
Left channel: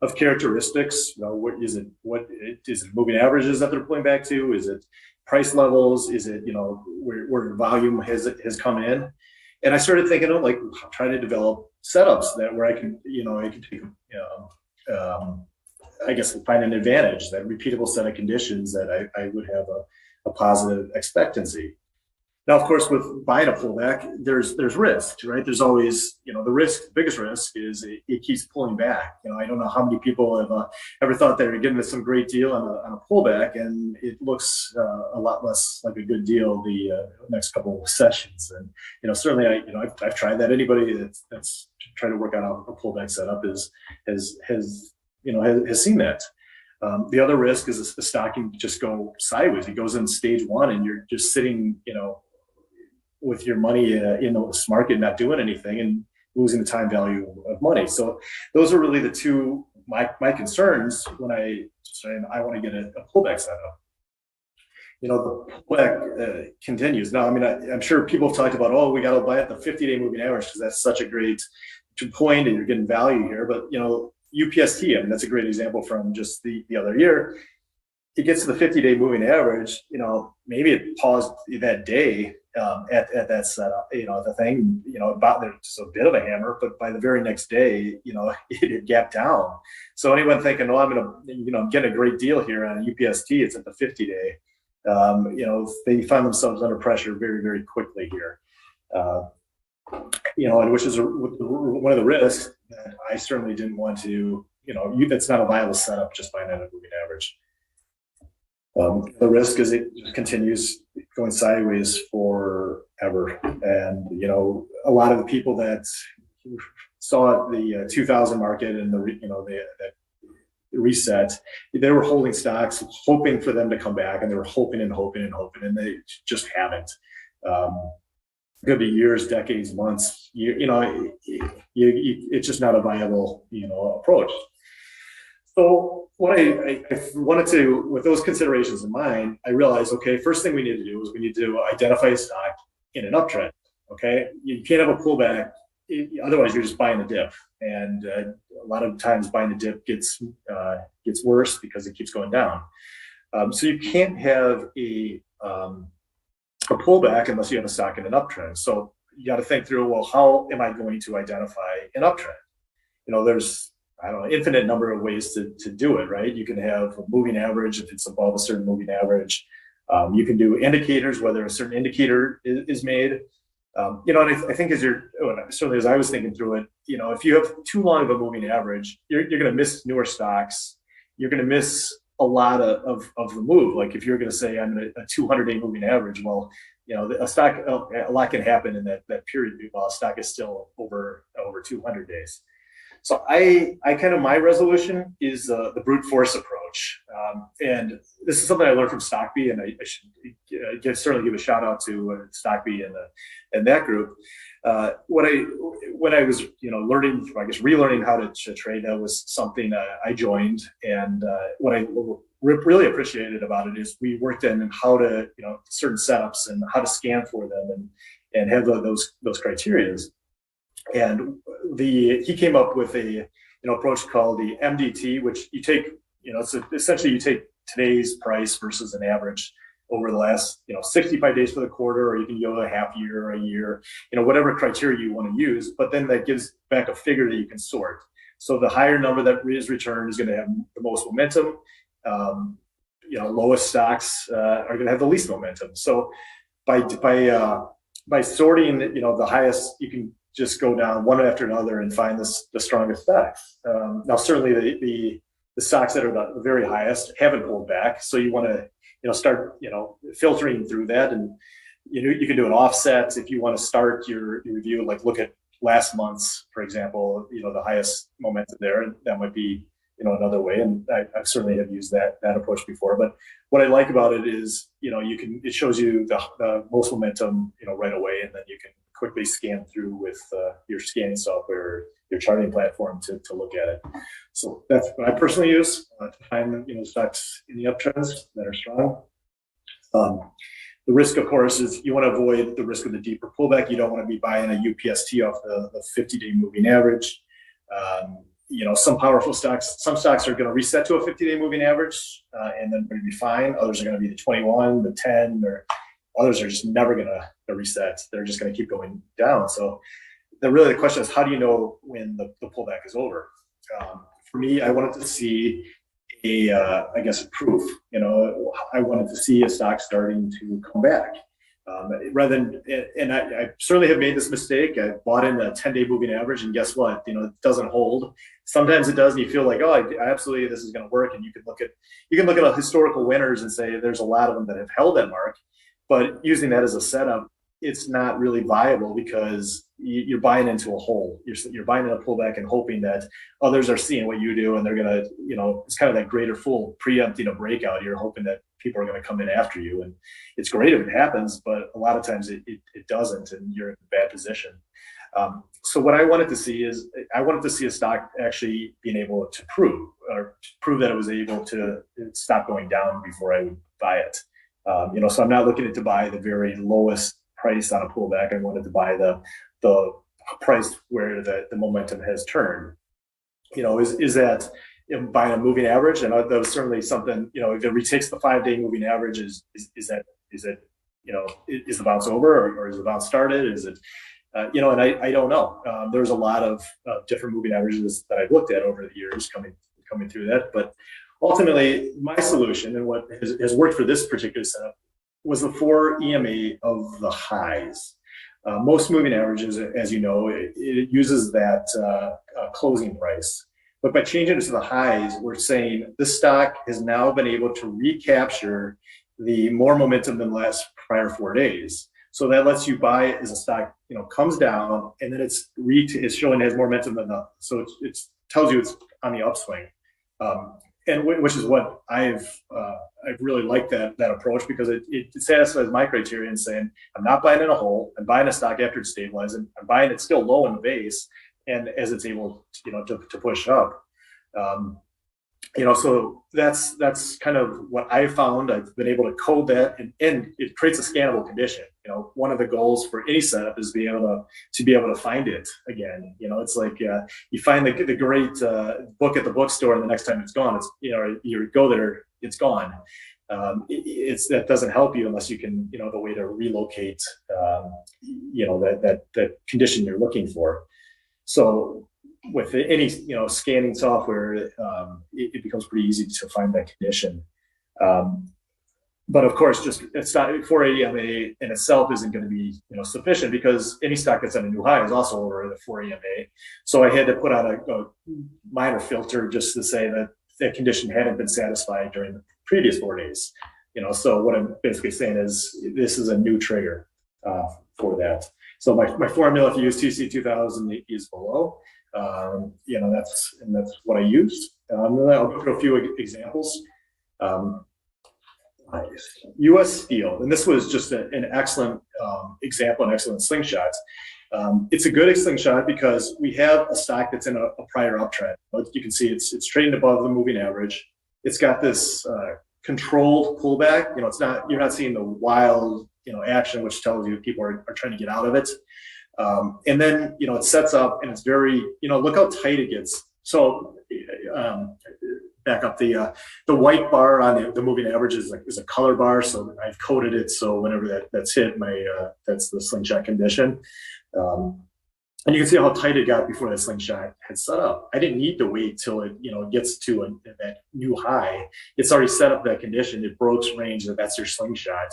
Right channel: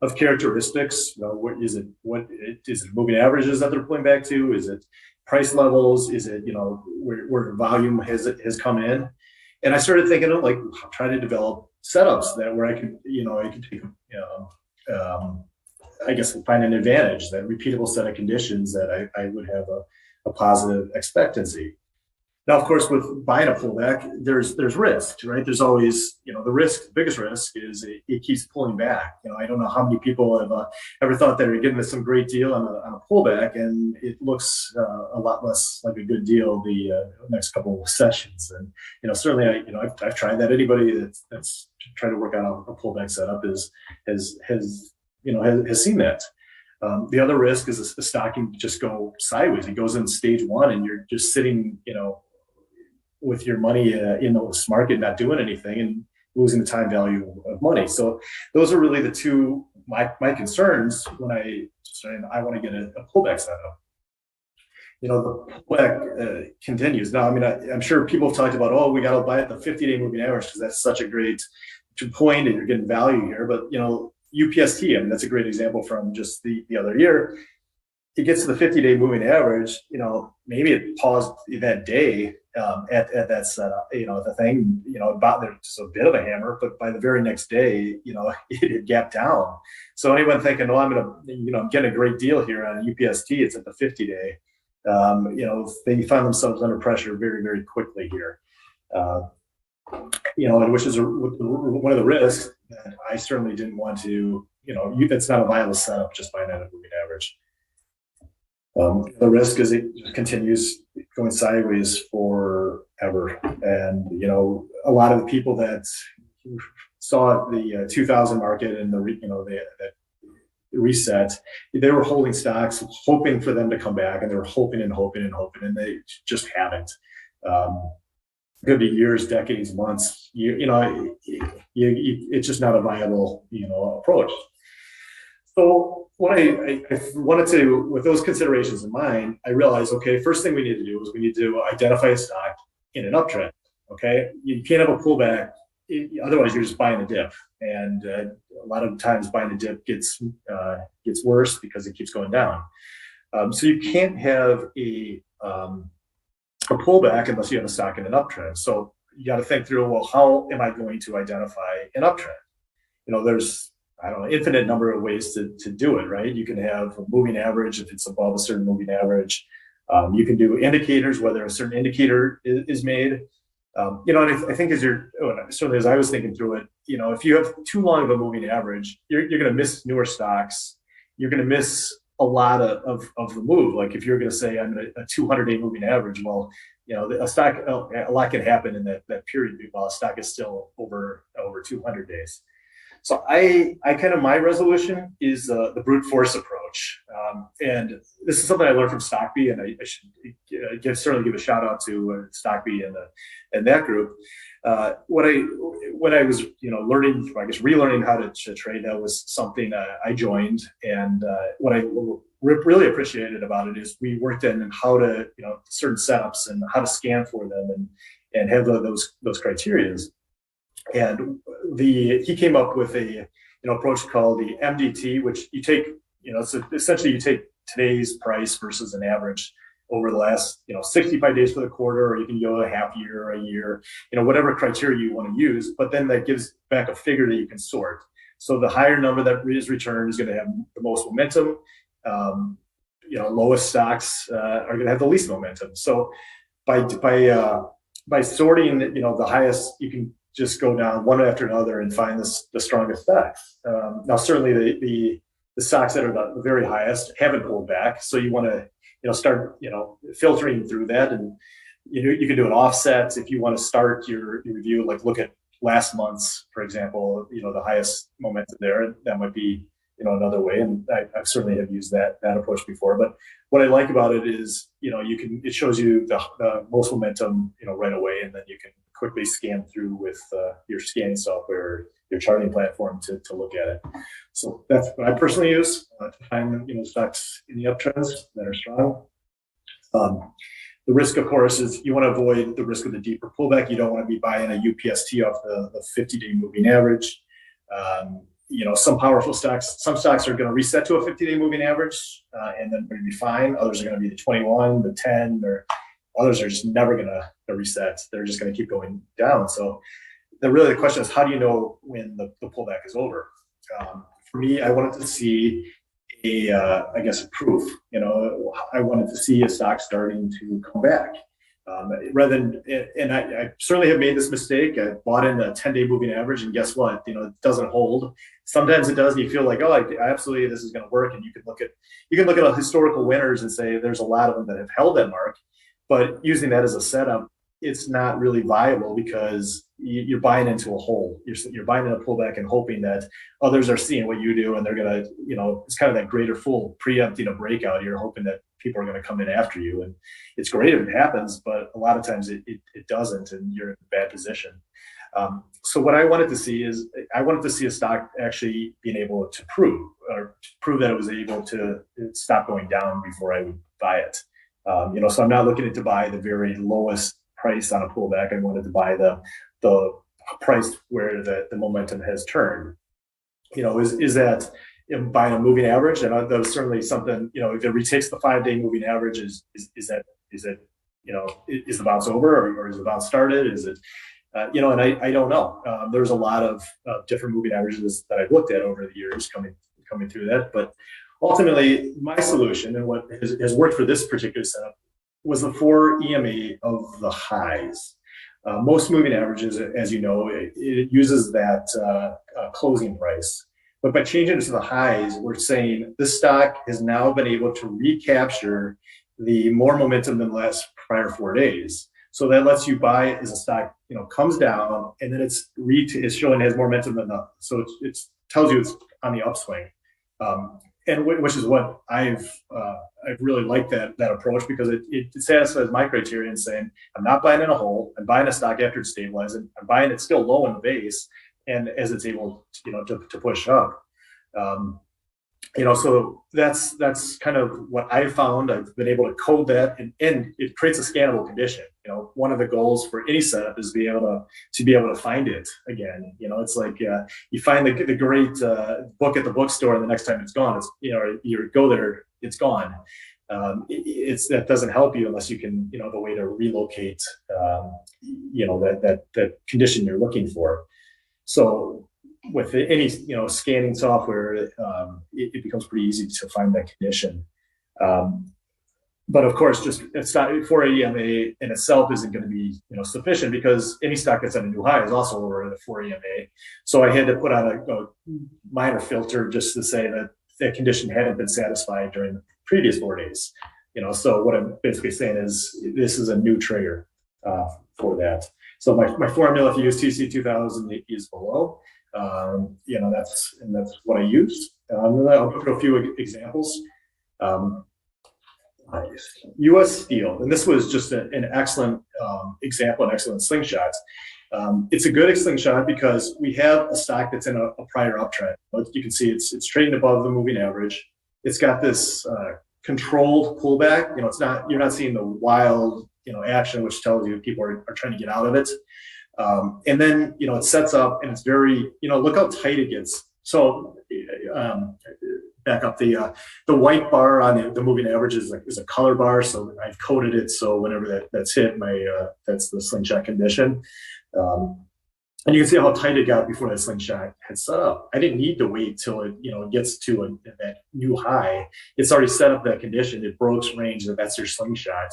of characteristics. What is it moving averages that they're pulling back to? Is it price levels? Is it where volume has come in? And I started thinking of trying to develop setups where I can take I guess find an advantage, that repeatable set of conditions that I would have a positive expectancy. Now, of course, with buying a pullback, there's risk, right? There's always, the biggest risk is it keeps pulling back. I don't know how many people have ever thought they were getting some great deal on a pullback, and it looks a lot less like a good deal the next couple of sessions. And certainly, I've tried that. Anybody that's trying to work out a pullback setup has seen that. The other risk is the stock can just go sideways. It goes in stage one, and you're just sitting, with your money in this market, not doing anything, and losing the time value of money. So those are really the two my concerns when I want to get a pullback setup. The pullback continues. Now, I'm sure people have talked about, we got to buy at the 50-day moving average because that's such a great point and you're getting value here. But UPST, that's a great example from just the other year. It gets to the 50-day moving average, maybe it paused that day at that setup, the thing, there's a bit of a hammer, but by the very next day, it gapped down. So anyone thinking, I'm getting a great deal here on a UPST, it's at the 50-day. they found themselves under pressure very, very quickly here. And which is one of the risks that I certainly didn't want to, that's not a viable setup just buying at a moving average. The risk is it just continues going sideways forever. And, a lot of the people that saw the 2000 market and the reset, they were holding stocks, hoping for them to come back, and they were hoping and hoping and hoping, and they just haven't. Could be years, decades, months. It's just not a viable, approach. So what I wanted to, with those considerations in mind, I realized, okay, first thing we need to do is we need to identify a stock in an uptrend. Okay, you can't have a pullback, otherwise you're just buying a dip, and a lot of times buying a dip gets worse because it keeps going down. So you can't have a pullback unless you have a stock in an uptrend. So you got to think through, well, how am I going to identify an uptrend? There's, I don't know, infinite number of ways to do it, right? You can have a moving average if it's above a certain moving average. You can do indicators, whether a certain indicator is made. And I think certainly as I was thinking through it, if you have too long of a moving average, you're going to miss newer stocks. You're going to miss a lot of the move. Like if you're going to say I'm in a 200-day moving average, well, a stock, a lot can happen in that period while a stock is still over 200 days. So I kind of, my resolution is the brute force approach. And this is something I learned from Stockby, and I should certainly give a shout out to Stockby and that group. When I was learning, I guess relearning how to trade, that was something I joined. And what I really appreciated about it is we worked in how to certain setups and how to scan for them and have those criteria. And he came up with a approach called the MDT, which you take so essentially you take today's price versus an average over the last 65 days for the quarter, or you can go a half year or a year, whatever criteria you want to use. But then that gives back a figure that you can sort. So the higher number that is returned is going to have the most momentum. Lowest stocks are going to have the least momentum. So by sorting, the highest, you can just go down one after another and find the strongest stocks. Now, certainly the stocks that are the very highest haven't pulled back, so you want to start filtering through that, and you can do an offset if you want to start your review, like look at last month's, for example, the highest momentum there. That might be another way, and I certainly have used that approach before. But what I like about it is it shows you the most momentum right away, and then you can quickly scan through with your scanning software, your charting platform to look at it. So that's what I personally use to find stocks in the uptrends that are strong. The risk, of course, is you want to avoid the risk of the deeper pullback. You don't want to be buying a UPST off the 50-day moving average. Some powerful stocks, some stocks are going to reset to a 50-day moving average, and then going to be fine. Others are going to be the 21, the 10, or others are just never going to reset. They're just going to keep going down. So the question is, how do you know when the pullback is over? For me, I wanted to see a proof. I wanted to see a stock starting to come back. Rather than, and I certainly have made this mistake. I bought in a 10-day moving average, and guess what? It doesn't hold. Sometimes it does, and you feel like, oh, absolutely, this is going to work. And you can look at historical winners and say there's a lot of them that have held that mark. But using that as a setup, it's not really viable because you're buying into a hole. You're buying in a pullback and hoping that others are seeing what you do, and they're gonna, it's kind of that greater fool preempting a breakout. You're hoping that people are going to come in after you, and it's great if it happens, but a lot of times it doesn't, and you're in a bad position. So what I wanted to see is a stock actually being able to prove that it was able to stop going down before I would buy it. So I'm not looking to buy the very lowest price on a pullback. I wanted to buy the price where the momentum has turned. Is that buying a moving average? And that was certainly something. If it retakes the 5-day moving average, is the bounce over, or is the bounce started? Is it and I don't know. There's a lot of different moving averages that I've looked at over the years coming through that, but ultimately, my solution and what has worked for this particular setup was the 4 EMA of the highs. Most moving averages, as you know, it uses that closing price. But by changing it to the highs, we're saying this stock has now been able to recapture the more momentum than the last prior 4 days. So that lets you buy it as a stock, comes down, and then it's showing it has more momentum than the, so it tells you it's on the upswing. And which is what I've really liked that approach, because it satisfies my criteria in saying I'm not buying in a hole, I'm buying a stock after it's stabilized, and I'm buying it still low in the base, and as it's able to push up. So that's kind of what I found. I've been able to code that, and it creates a scannable condition. One of the goals for any setup is to be able to find it again. It's like you find the great book at the bookstore, and the next time it's gone, you go there, it's gone. That doesn't help you unless you can the way to relocate that condition you're looking for. So with any scanning software, it becomes pretty easy to find that condition. But of course, it's not 4 EMA in itself isn't going to be sufficient, because any stock that's at a new high is also over the 4 EMA. So I had to put on a minor filter just to say that that condition hadn't been satisfied during the previous 4 days. So what I'm basically saying is this is a new trigger for that. So my formula, if you use TC 2000, is below. That's what I used. I'll go through a few examples. U.S. Steel, and this was just an excellent example, an excellent slingshot. It's a good slingshot because we have a stock that's in a prior uptrend. You can see it's trading above the moving average. It's got this controlled pullback. You're not seeing the wild action, which tells you people are trying to get out of it. And then it sets up, and it's very look how tight it gets. So back up the white bar on the moving average is a color bar. So I've coded it so whenever that's hit, that's the slingshot condition. And you can see how tight it got before that slingshot had set up. I didn't need to wait till it gets to that new high. It's already set up that condition. It broke range, that's your slingshot.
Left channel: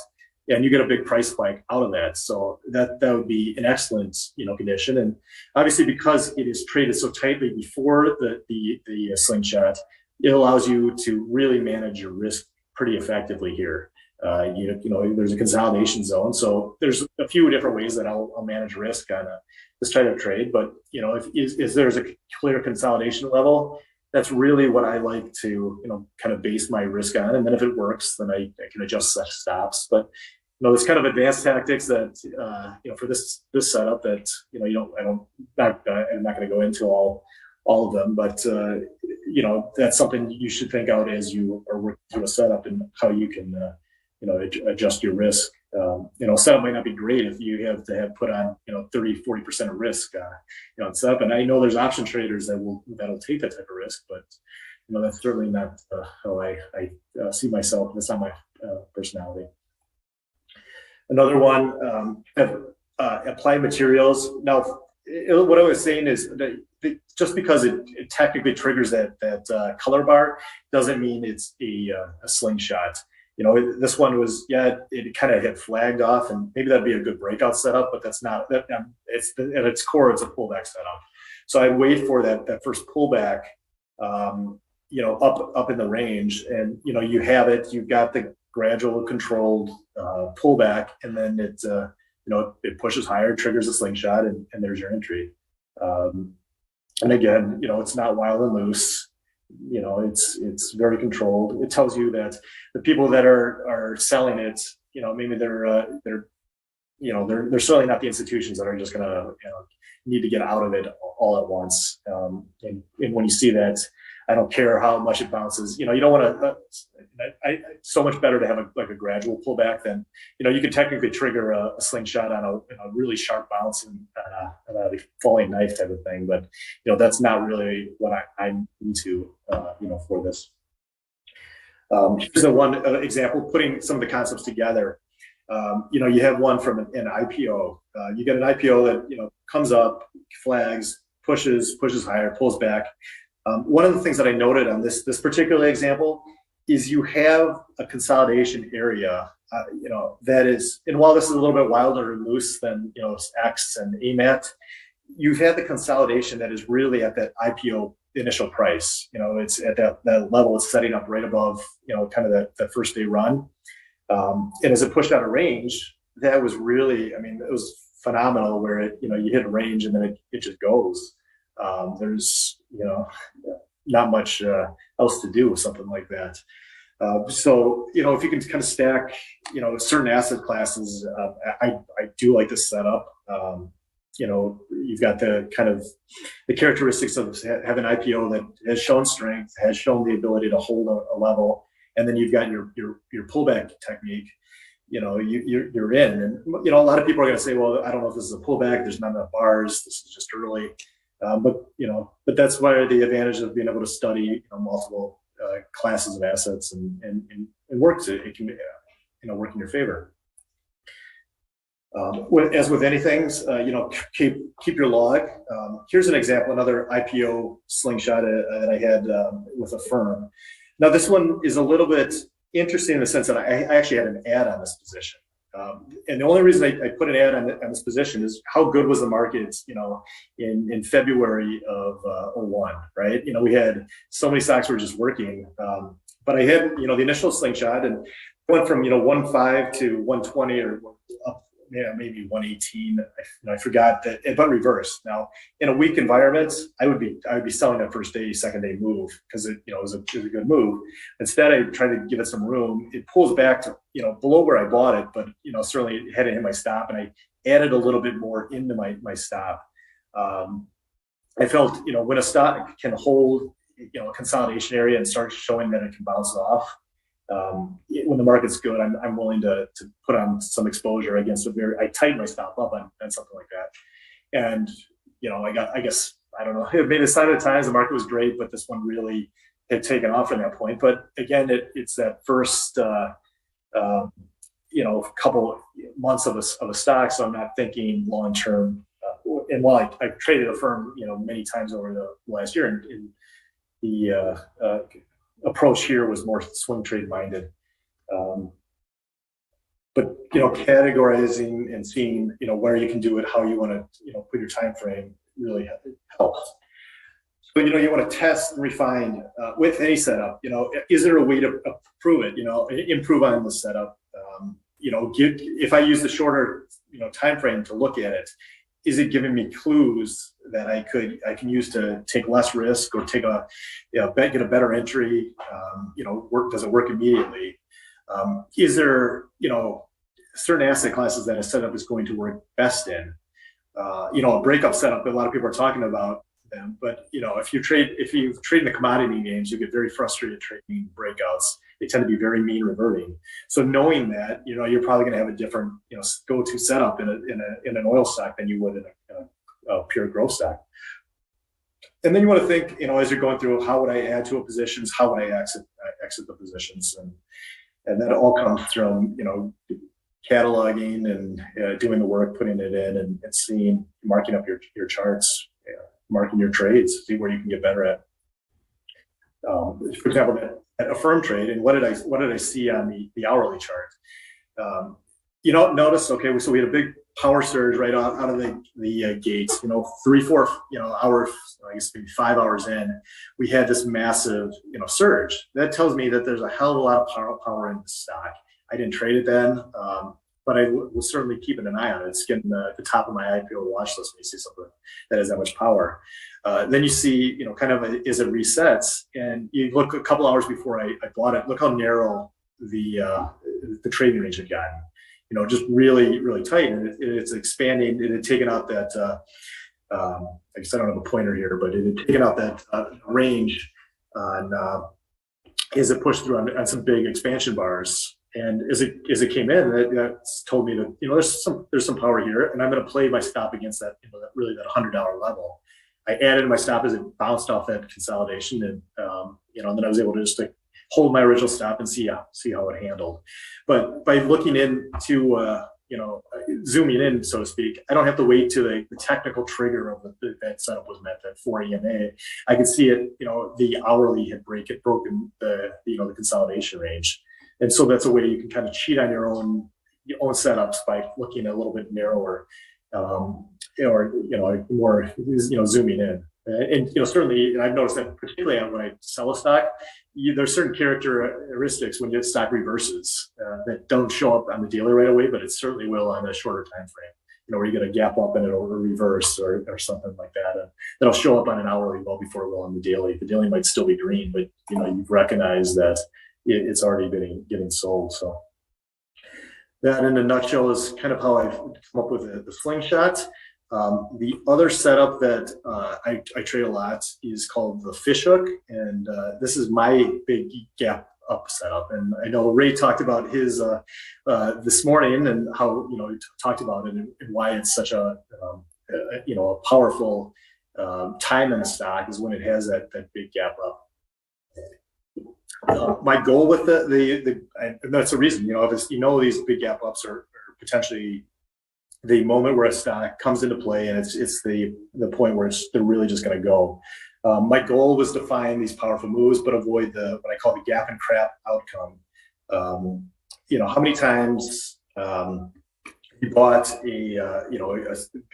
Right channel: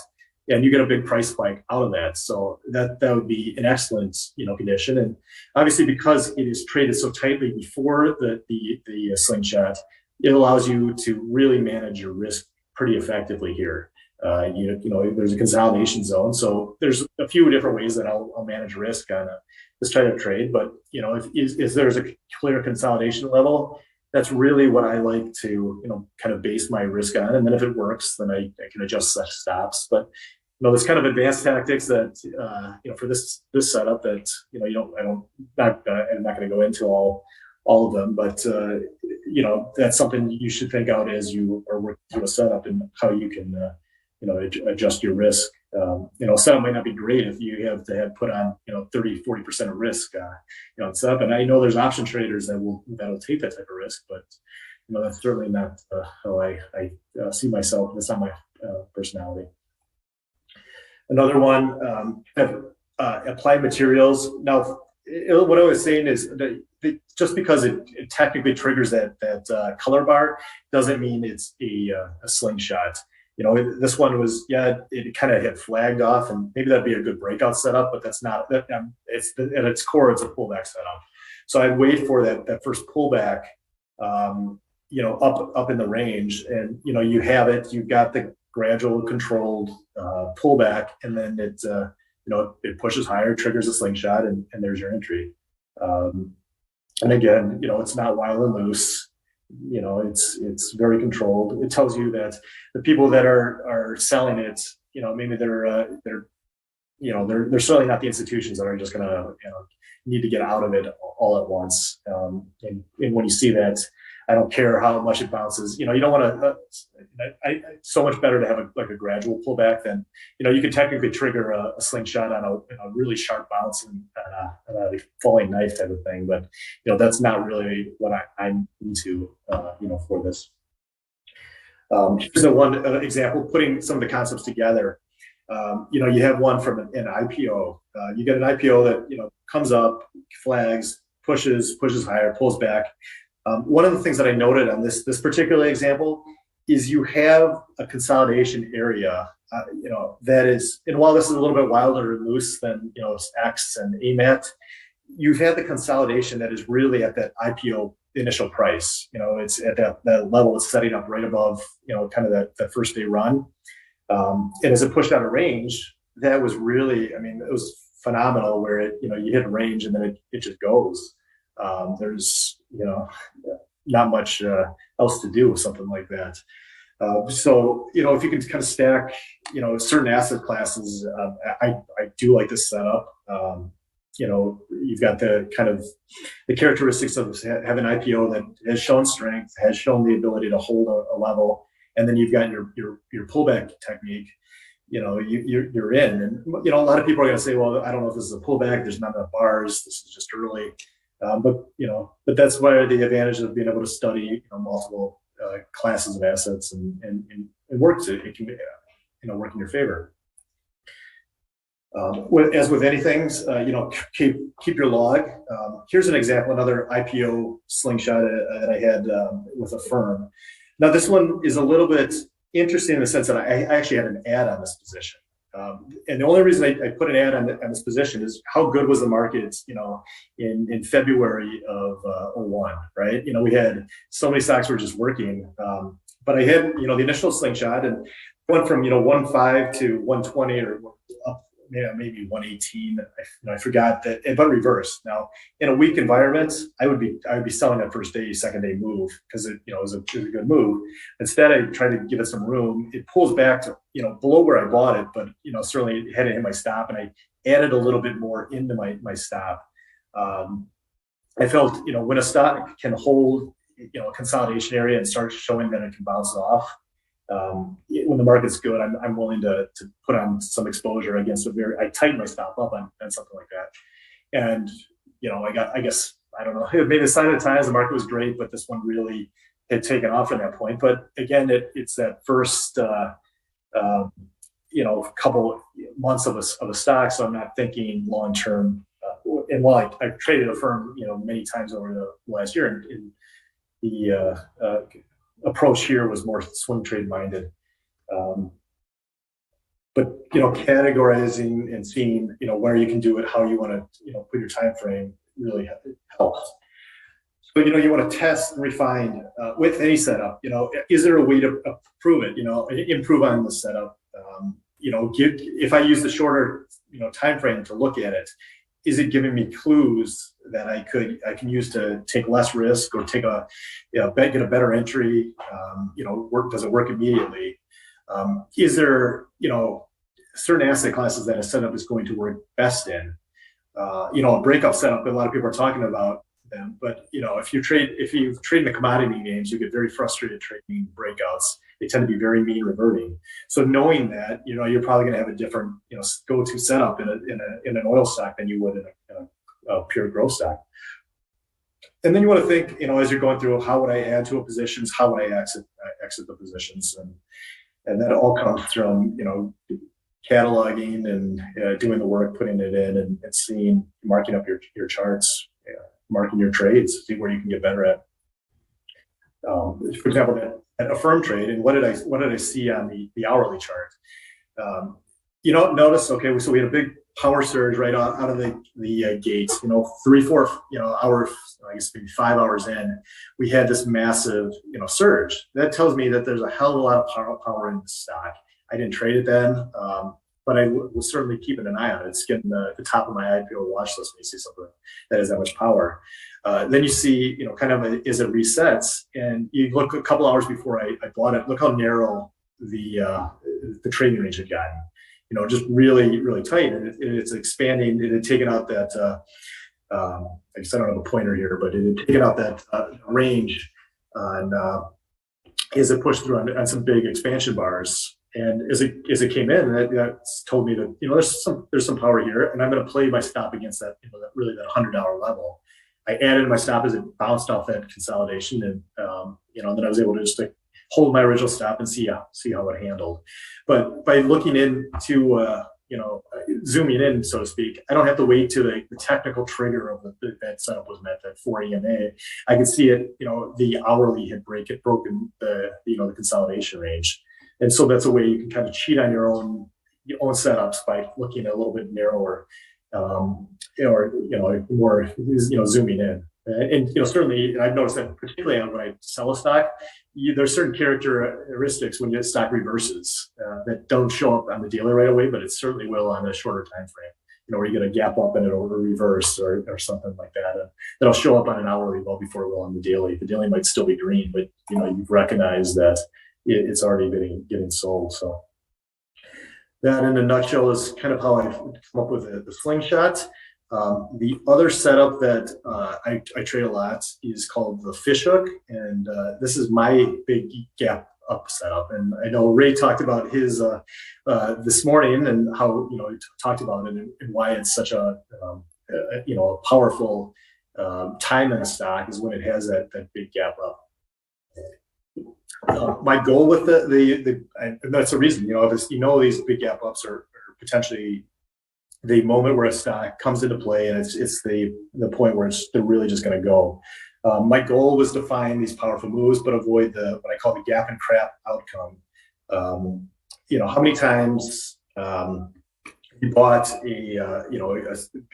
And you get a big price spike out of that. So that would be an excellent condition. And obviously, because it is traded so tightly before the slingshot, it allows you to really manage your risk pretty effectively here. There's a consolidation zone, so there's a few different ways that I'll manage risk on this type of trade. But if there's a clear consolidation level, that's really what I like to kind of base my risk on. And then if it works, then I can adjust such stops. But there's kind of advanced tactics that for this setup that I'm not going to go into all of them, but that's something you should think out as you are working through a setup and how you can adjust your risk. Setup might not be great if you have to put on 30-40% of risk on setup. And I know there's option traders that'll take that type of risk, but that's certainly not how I see myself. That's not my personality. Another one, applied materials. Now, what I was saying is that just because it technically triggers that color bar doesn't mean it's a slingshot. This one was, it kind of had flagged off, and maybe that'd be a good breakout setup, but that's not. It's at its core, it's a pullback setup. So I wait for that first pullback, up in the range, and you have it. You've got the gradual controlled pullback, and then it pushes higher, triggers a slingshot, and there's your entry. And again, it's not wild and loose. It's very controlled. It tells you that the people that are selling it, maybe they're certainly not the institutions that are just going to need to get out of it all at once. And when you see that, I don't care how much it bounces. You don't want to. So much better to have a gradual pullback than you could technically trigger a slingshot on a really sharp bounce and a falling knife type of thing. But that's not really what I'm into for this. Here's one example, putting some of the concepts together. You have one from an IPO. You get an IPO that comes up, flags, pushes higher, pulls back. One of the things that I noted on this particular example is you have a consolidation area, that is, and while this is a little bit wilder and loose than, X and AMAT, you've had the consolidation that is really at that IPO initial price. It's at that level it's setting up right above, kind of that first day run. And as it pushed out a range, that was really, it was phenomenal where it, you hit a range and then it just goes. There's, not much else to do with something like that. So, if you can kind of stack, certain asset classes, I do like this setup. You've got the kind of the characteristics of having an IPO that has shown strength, has shown the ability to hold a level, and then you've got your pullback technique. You're in, and a lot of people are going to say, well, I don't know if this is a pullback. There's not enough bars. This is just early. But that's why the advantage of being able to study multiple classes of assets and work it can work in your favor. As with anything, keep your log. Here's an example, another IPO slingshot that I had with a firm. Now this one is a little bit interesting in the sense that I actually had an ad on this position. And the only reason I put an ad on this position is how good was the market, in February of 01, right? We had so many stocks were just working. But I had, the initial slingshot and went from, 1.5 to 120 or up, maybe 118. I forgot that, but reverse. Now, in a weak environment, I would be selling that first day, second day move because it was a good move. Instead, I tried to give it some room. It pulls back to below where I bought it, but certainly it hadn't hit my stop, and I added a little bit more into my stop. I felt when a stock can hold a consolidation area and start showing that it can bounce off. When the market's good, I'm willing to put on some exposure against I tighten my stop up on something like that. And, I guess, I don't know, maybe the sign of the times, the market was great, but this one really had taken off from that point. But again, it's that first, couple months of a stock. So I'm not thinking long-term. And while I've traded a firm, many times over the last year, and the approach here was more swing trade minded. But categorizing and seeing where you can do it, how you want to put your time frame really helps. So you want to test and refine with any setup. Is there a way to improve it? Improve on the setup. If I use the shorter time frame to look at it, is it giving me clues that I can use to take less risk or take get a better entry? Does it work immediately? Is there certain asset classes that a setup is going to work best in? A breakup setup, a lot of people are talking about them, but if you trade in the commodity names, you get very frustrated trading breakouts. They tend to be very mean reverting. So knowing that, you're probably going to have a different go-to setup in an oil stock than you would in a pure growth stock. And then you want to think, as you're going through, how would I add to a positions? How would I exit the positions? And that all comes from, cataloging and doing the work, putting it in and seeing, marking up your charts, marking your trades, see where you can get better at. For example, at a firm trade, and what did I see on the hourly chart? Notice, okay, so we had a big power surge right out of the gates, 3-4 hours, I guess maybe 5 hours in, we had this massive surge. That tells me that there's a hell of a lot of power in the stock. I didn't trade it then, but I was certainly keeping an eye on it. It's getting the top of my IPO watch list when you see something that has that much power. Then you see, kind of as it resets, and you look a couple hours before I bought it. Look how narrow the trading range had gotten. Just really, really tight, and it's expanding. It had taken out that. I guess I don't have a pointer here, but it had taken out that range, as it pushed through on some big expansion bars. And as it came in, that told me that there's some power here, and I'm going to play my stop against that that $100 level. I added my stop as it bounced off that consolidation, and then I was able to just hold my original stop and see how it handled. But by looking into zooming in, so to speak, I don't have to wait till the technical trigger of that setup was met at 4 EMA. I could see it, the hourly had broken the consolidation range. And so that's a way you can kind of cheat on your own setups by looking a little bit narrower, or more zooming in. And certainly I've noticed that particularly when I sell a stock, there's certain characteristics when your stock reverses that don't show up on the daily right away, but it certainly will on a shorter time frame. Where you get a gap up and it'll reverse or something like that. And that'll show up on an hourly well before it will on the daily. The daily might still be green, but you've recognized that it's already getting sold. So that, in a nutshell, is kind of how I've come up with the slingshot. The other setup that I trade a lot is called the fishhook, and this is my big gap up setup. And I know Ray talked about his this morning, and how he talked about it and why it's such a powerful time in the stock is when it has that big gap up. My goal with and that's the reason, if these big gap ups are potentially the moment where a stock comes into play, and it's the point where they're really just going to go. My goal was to find these powerful moves, but avoid what I call the gap and crap outcome. How many times you bought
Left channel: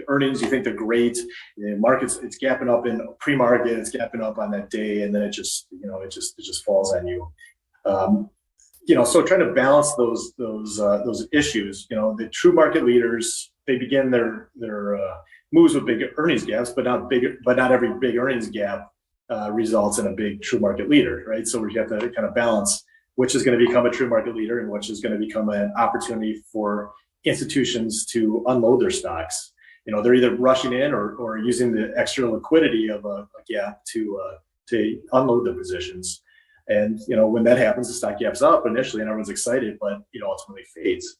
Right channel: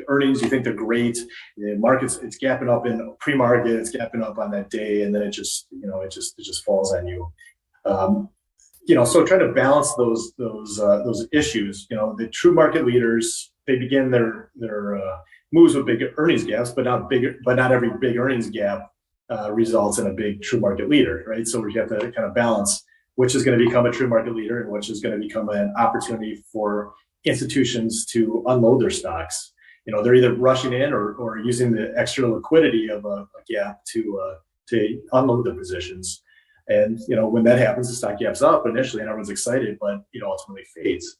earnings, you think they're great, the market's it's gapping up in pre-market, it's gapping up on that day, and then it just falls on you. So trying to balance those issues. The true market leaders, they begin their moves with big earnings gaps, but not every big earnings gap results in a big true market leader, right? So we have to kind of balance which is going to become a true market leader and which is going to become an opportunity for institutions to unload their stocks. They're either rushing in or using the extra liquidity of a gap to unload their positions. And when that happens, the stock gaps up initially and everyone's excited, but ultimately fades.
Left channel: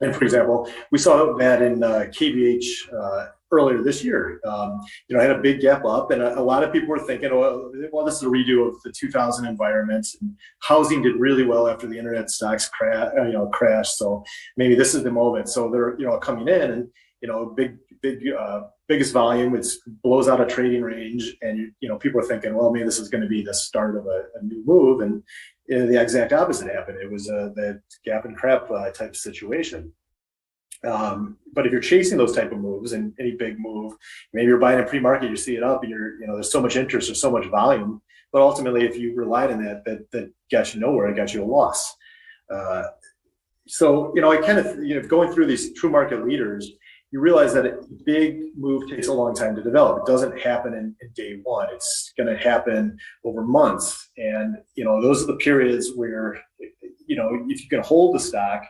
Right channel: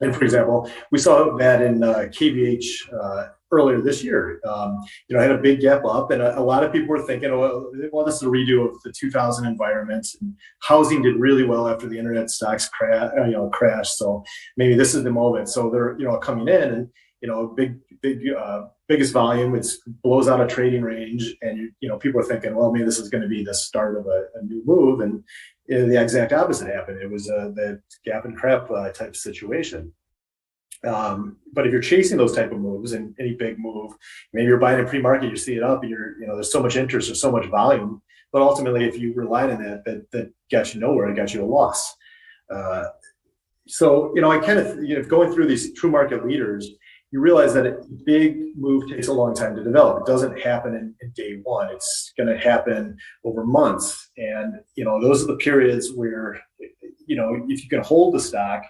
And for example, we saw that in KBH earlier this year. I had a big gap up, and a lot of people were thinking, well, this is a redo of the 2000 environment, and housing did really well after the internet stocks crashed. So maybe this is the moment. So they're coming in, and biggest volume, it blows out a trading range, and people are thinking, well, maybe this is going to be the start of a new move, and the exact opposite happened. It was the gap and crap type situation. But if you're chasing those type of moves, and any big move, maybe you're buying in pre-market, you see it up, and there's so much interest, there's so much volume, but ultimately, if you relied on that got you nowhere, it got you a loss. So I kind of going through these true market leaders, you realize that a big move takes a long time to develop. It doesn't happen in day one. It's going to happen over months. And, those are the periods where, if you can hold the stock,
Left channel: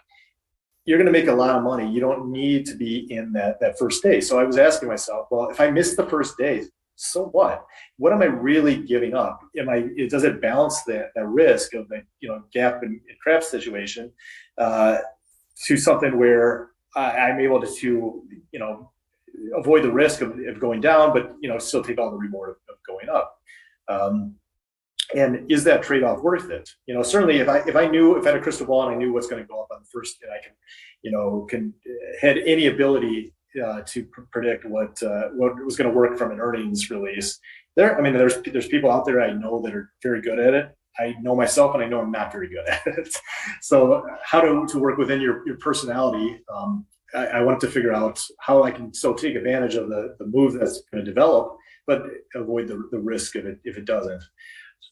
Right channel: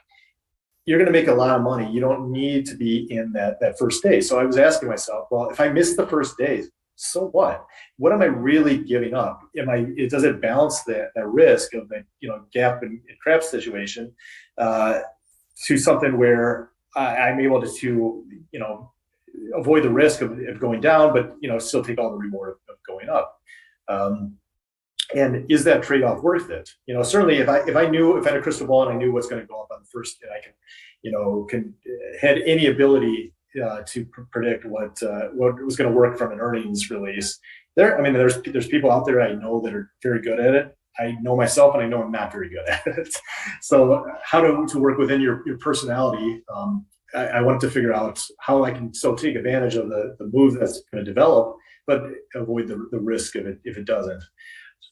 you're going to make a lot of money. You don't need to be in that first day. So I was asking myself, well, if I miss the first day, so what? What am I really giving up? Does it balance that risk of the, gap and crap situation to something where I'm able to avoid the risk of going down, but still take all the reward of going up. And is that trade-off worth it? Certainly, if I had a crystal ball and I knew what's going to go up on the first day, I had any ability to predict what was going to work from an earnings release. There's people out there I know that are very good at it. I know myself, and I know I'm not very good at it. So how to work within your personality. I wanted to figure out how I can still take advantage of the move that's going to develop, but avoid the risk of it if it doesn't.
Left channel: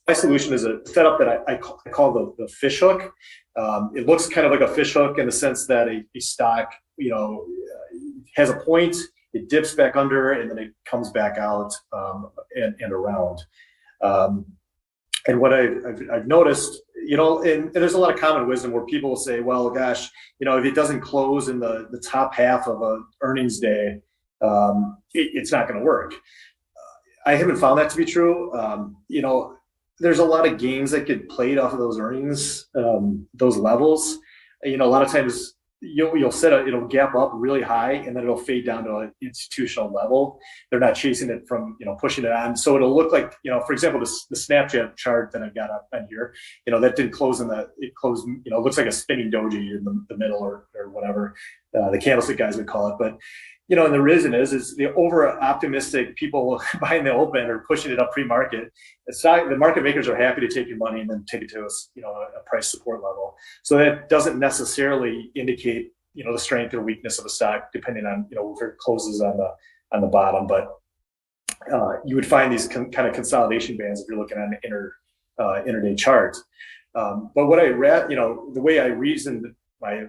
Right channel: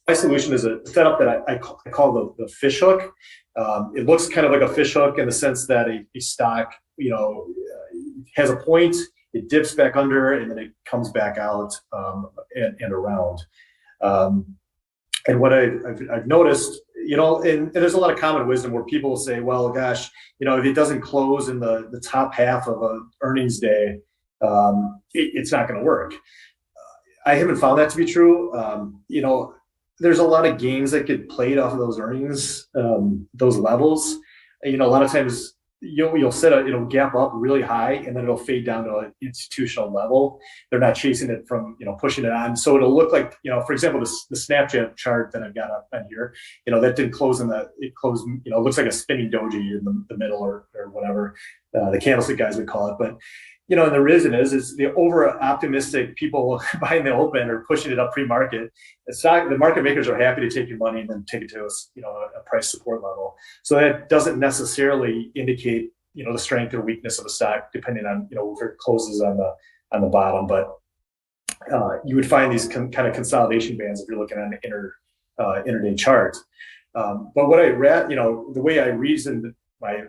My solution is a setup that I call the fish hook. It looks kind of like a fish hook in the sense that a stock, has a point, it dips back under, and then it comes back out and around. And what I've noticed, and there's a lot of common wisdom where people will say, well, gosh, if it doesn't close in the top half of an earnings day, it's not going to work. I haven't found that to be true. There's a lot of games that get played off of those earnings, those levels. A lot of times it'll gap up really high and then it'll fade down to an institutional level. They're not chasing it from, pushing it on. So it'll look like, for example, the Snapchat chart that I've got up on here, that didn't close it closed, it looks like a spinning doji in the middle or whatever the candlestick guys would call it. But, and the reason is the over optimistic people buying the open or pushing it up pre-market. The market makers are happy to take your money and then take it to a price support level. So that doesn't necessarily indicate the strength or weakness of a stock, depending on if it closes on the bottom. But you would find these kind of consolidation bands if you're looking at an intraday chart. But what I read, the way I reasoned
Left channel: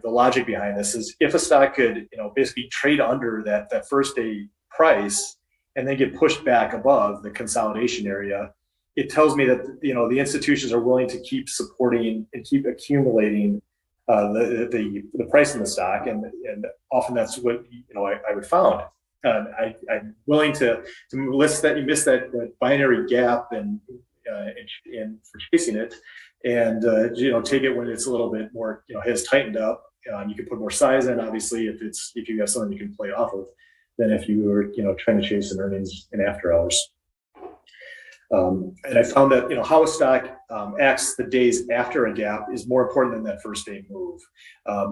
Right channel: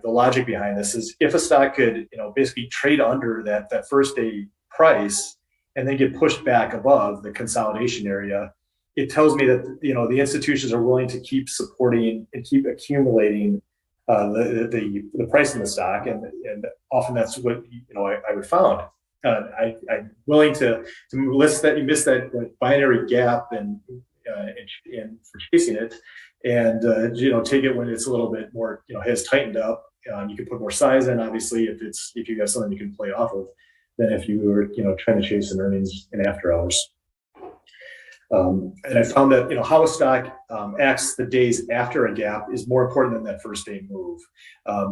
the logic behind this is if a stock could basically trade under that first day price and then get pushed back above the consolidation area, it tells me that the institutions are willing to keep supporting and keep accumulating the price in the stock, and often that's what I would found. I'm willing to miss that binary gap and for chasing it, and take it when it's a little bit more has tightened up. You can put more size in, obviously, if you got something you can play off of, than if you were trying to chase an earnings in after hours. And I found that how a stock acts the days after a gap is more important than that first day move.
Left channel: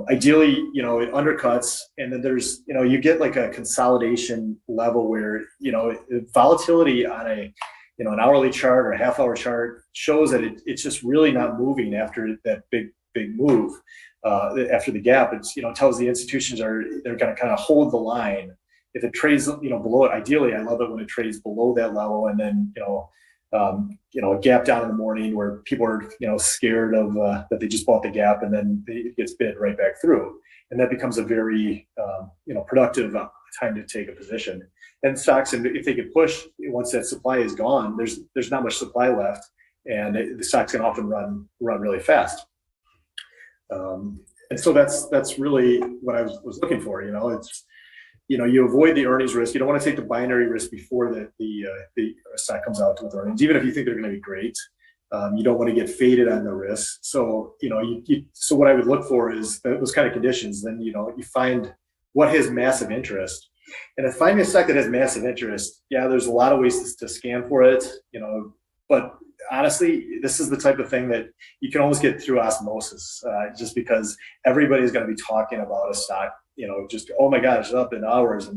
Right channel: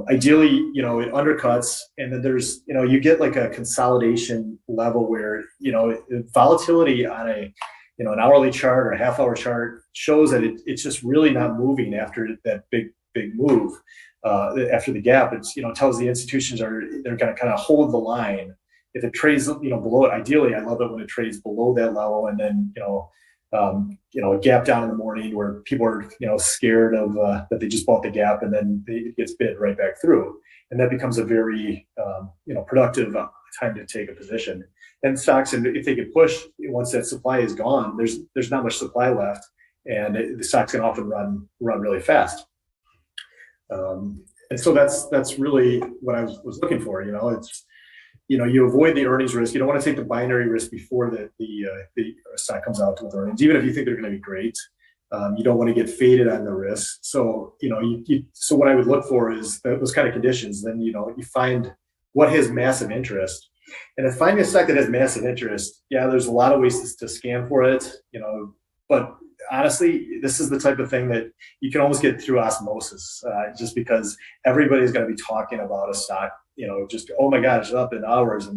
Ideally, it undercuts, and then there's you get like a consolidation level where volatility on an hourly chart or a half-hour chart shows that it's just really not moving after that big move. After the gap, it's tells the institutions they're going to kind of hold the line. If it trades below it, ideally, I love it when it trades below that level, and then a gap down in the morning where people are scared of that they just bought the gap, and then it gets bid right back through, and that becomes a very productive time to take a position. And stocks, and if they get pushed once that supply is gone, there's not much supply left, and the stocks can often run really fast. And so that's really what I was looking for. It's you avoid the earnings risk. You don't want to take the binary risk before the stock comes out with earnings, even if you think they're going to be great. You don't want to get faded on the risk. So so what I would look for is those kind of conditions. Then you find what has massive interest. And if finding a stock that has massive interest, there's a lot of ways to scan for it. But honestly, this is the type of thing that you can almost get through osmosis, just because everybody's going to be talking about a stock. Just, oh my gosh, it's up in hours.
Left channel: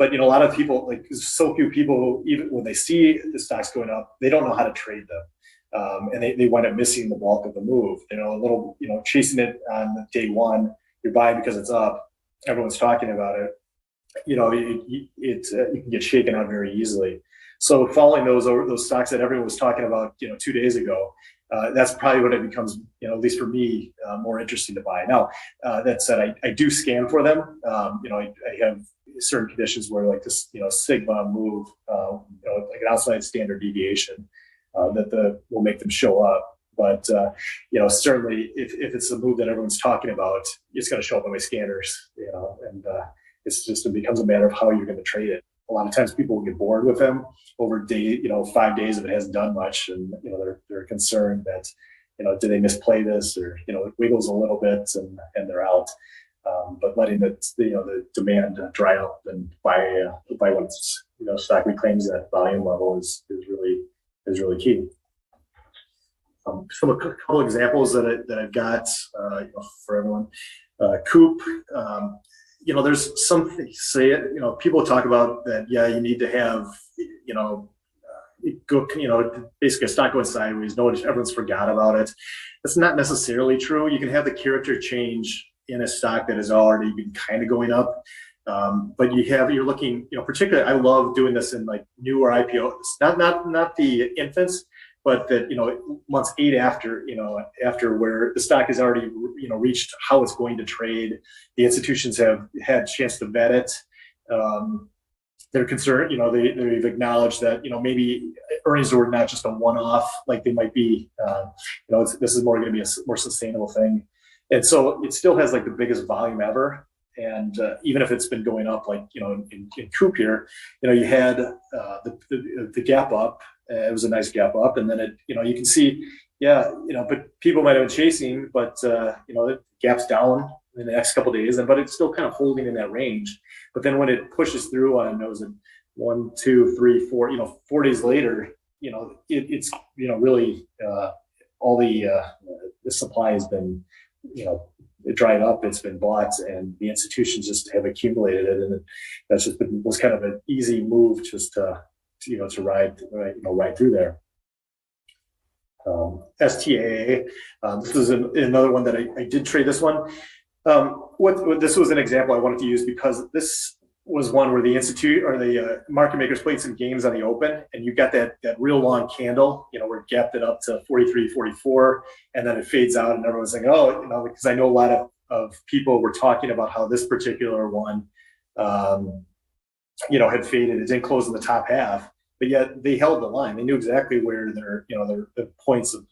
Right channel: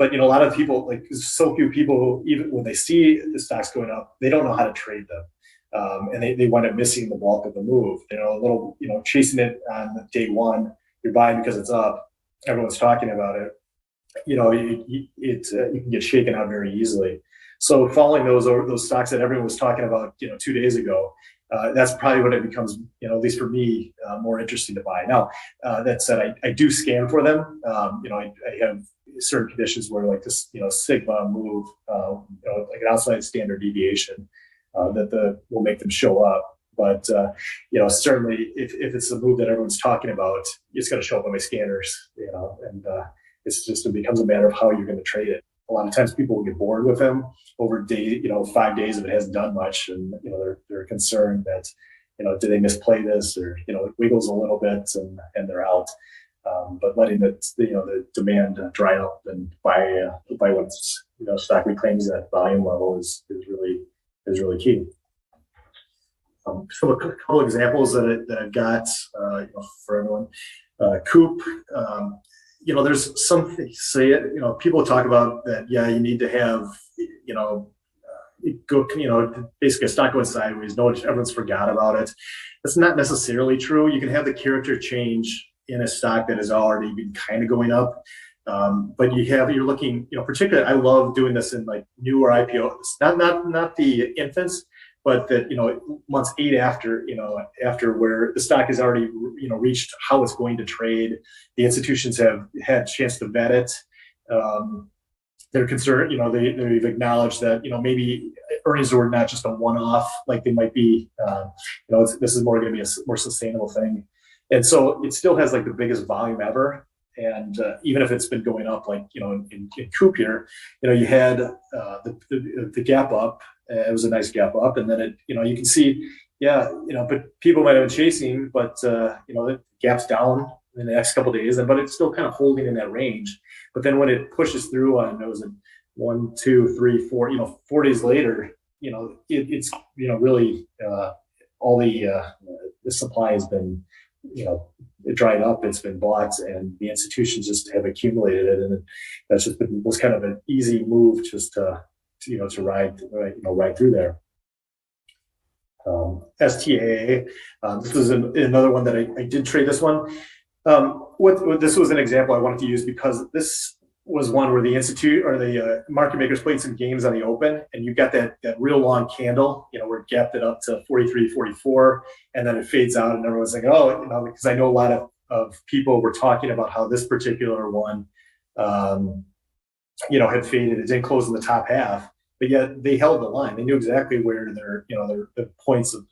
But a lot of people, like so few people, even when they see the stocks going up, they don't know how to trade them. And they wind up missing the bulk of the move. A little, chasing it on day one, you're buying because it's up. Everyone's talking about it. You can get shaken out very easily. So following those stocks that everyone was talking about, 2 days ago, that's probably when it becomes, at least for me, more interesting to buy. Now, that said, I do scan for them. I have certain conditions where like this, sigma move, like an outside standard deviation, that will make them show up. But certainly if it's a move that everyone's talking about, it's going to show up on my scanners. And it becomes a matter of how you're going to trade it. A lot of times people will get bored with them over 5 days if it hasn't done much, and they're concerned that do they misplay this, or it wiggles a little bit and they're out. But letting the demand dry up and buy once stock reclaims that volume level is really key. So a couple examples that I've got for everyone. Coop. There's something people talk about that. You need to have basically a stock going sideways. Everyone's forgot about it. That's not necessarily true. You can have the character change in a stock that has already been kind of going up, but you're looking. Particularly, I love doing this in like newer IPOs. Not the infants, but that months 8 after where the stock has already reached how it's going to trade. The institutions have had a chance to vet it. They're concerned, they've acknowledged that maybe earnings were not just a one-off like they might be. This is more going to be a more sustainable thing, and so it still has like the biggest volume ever. And even if it's been going up, like in Coop here, you had the gap up. It was a nice gap up, and then it, you can see, but people might have been chasing, but the gap's down in the next couple of days, but it's still kind of holding in that range. But then when it pushes through on those 1, 2, 3, 4, 4 days later, it's really all the supply has been it dried up, it's been bought, and the institutions just have accumulated it, and that's just was kind of an easy move just to ride through there. STAA, this was another one that I did trade this one. This was an example I wanted to use because this was one where the institute or the market makers played some games on the open, and you got that real long candle, where it gapped it up to 43, 44, and then it fades out, and everyone's like, oh, because I know a lot of people were talking about how this particular one, had faded. It didn't close in the top half, but yet they held the line. They knew exactly where their points of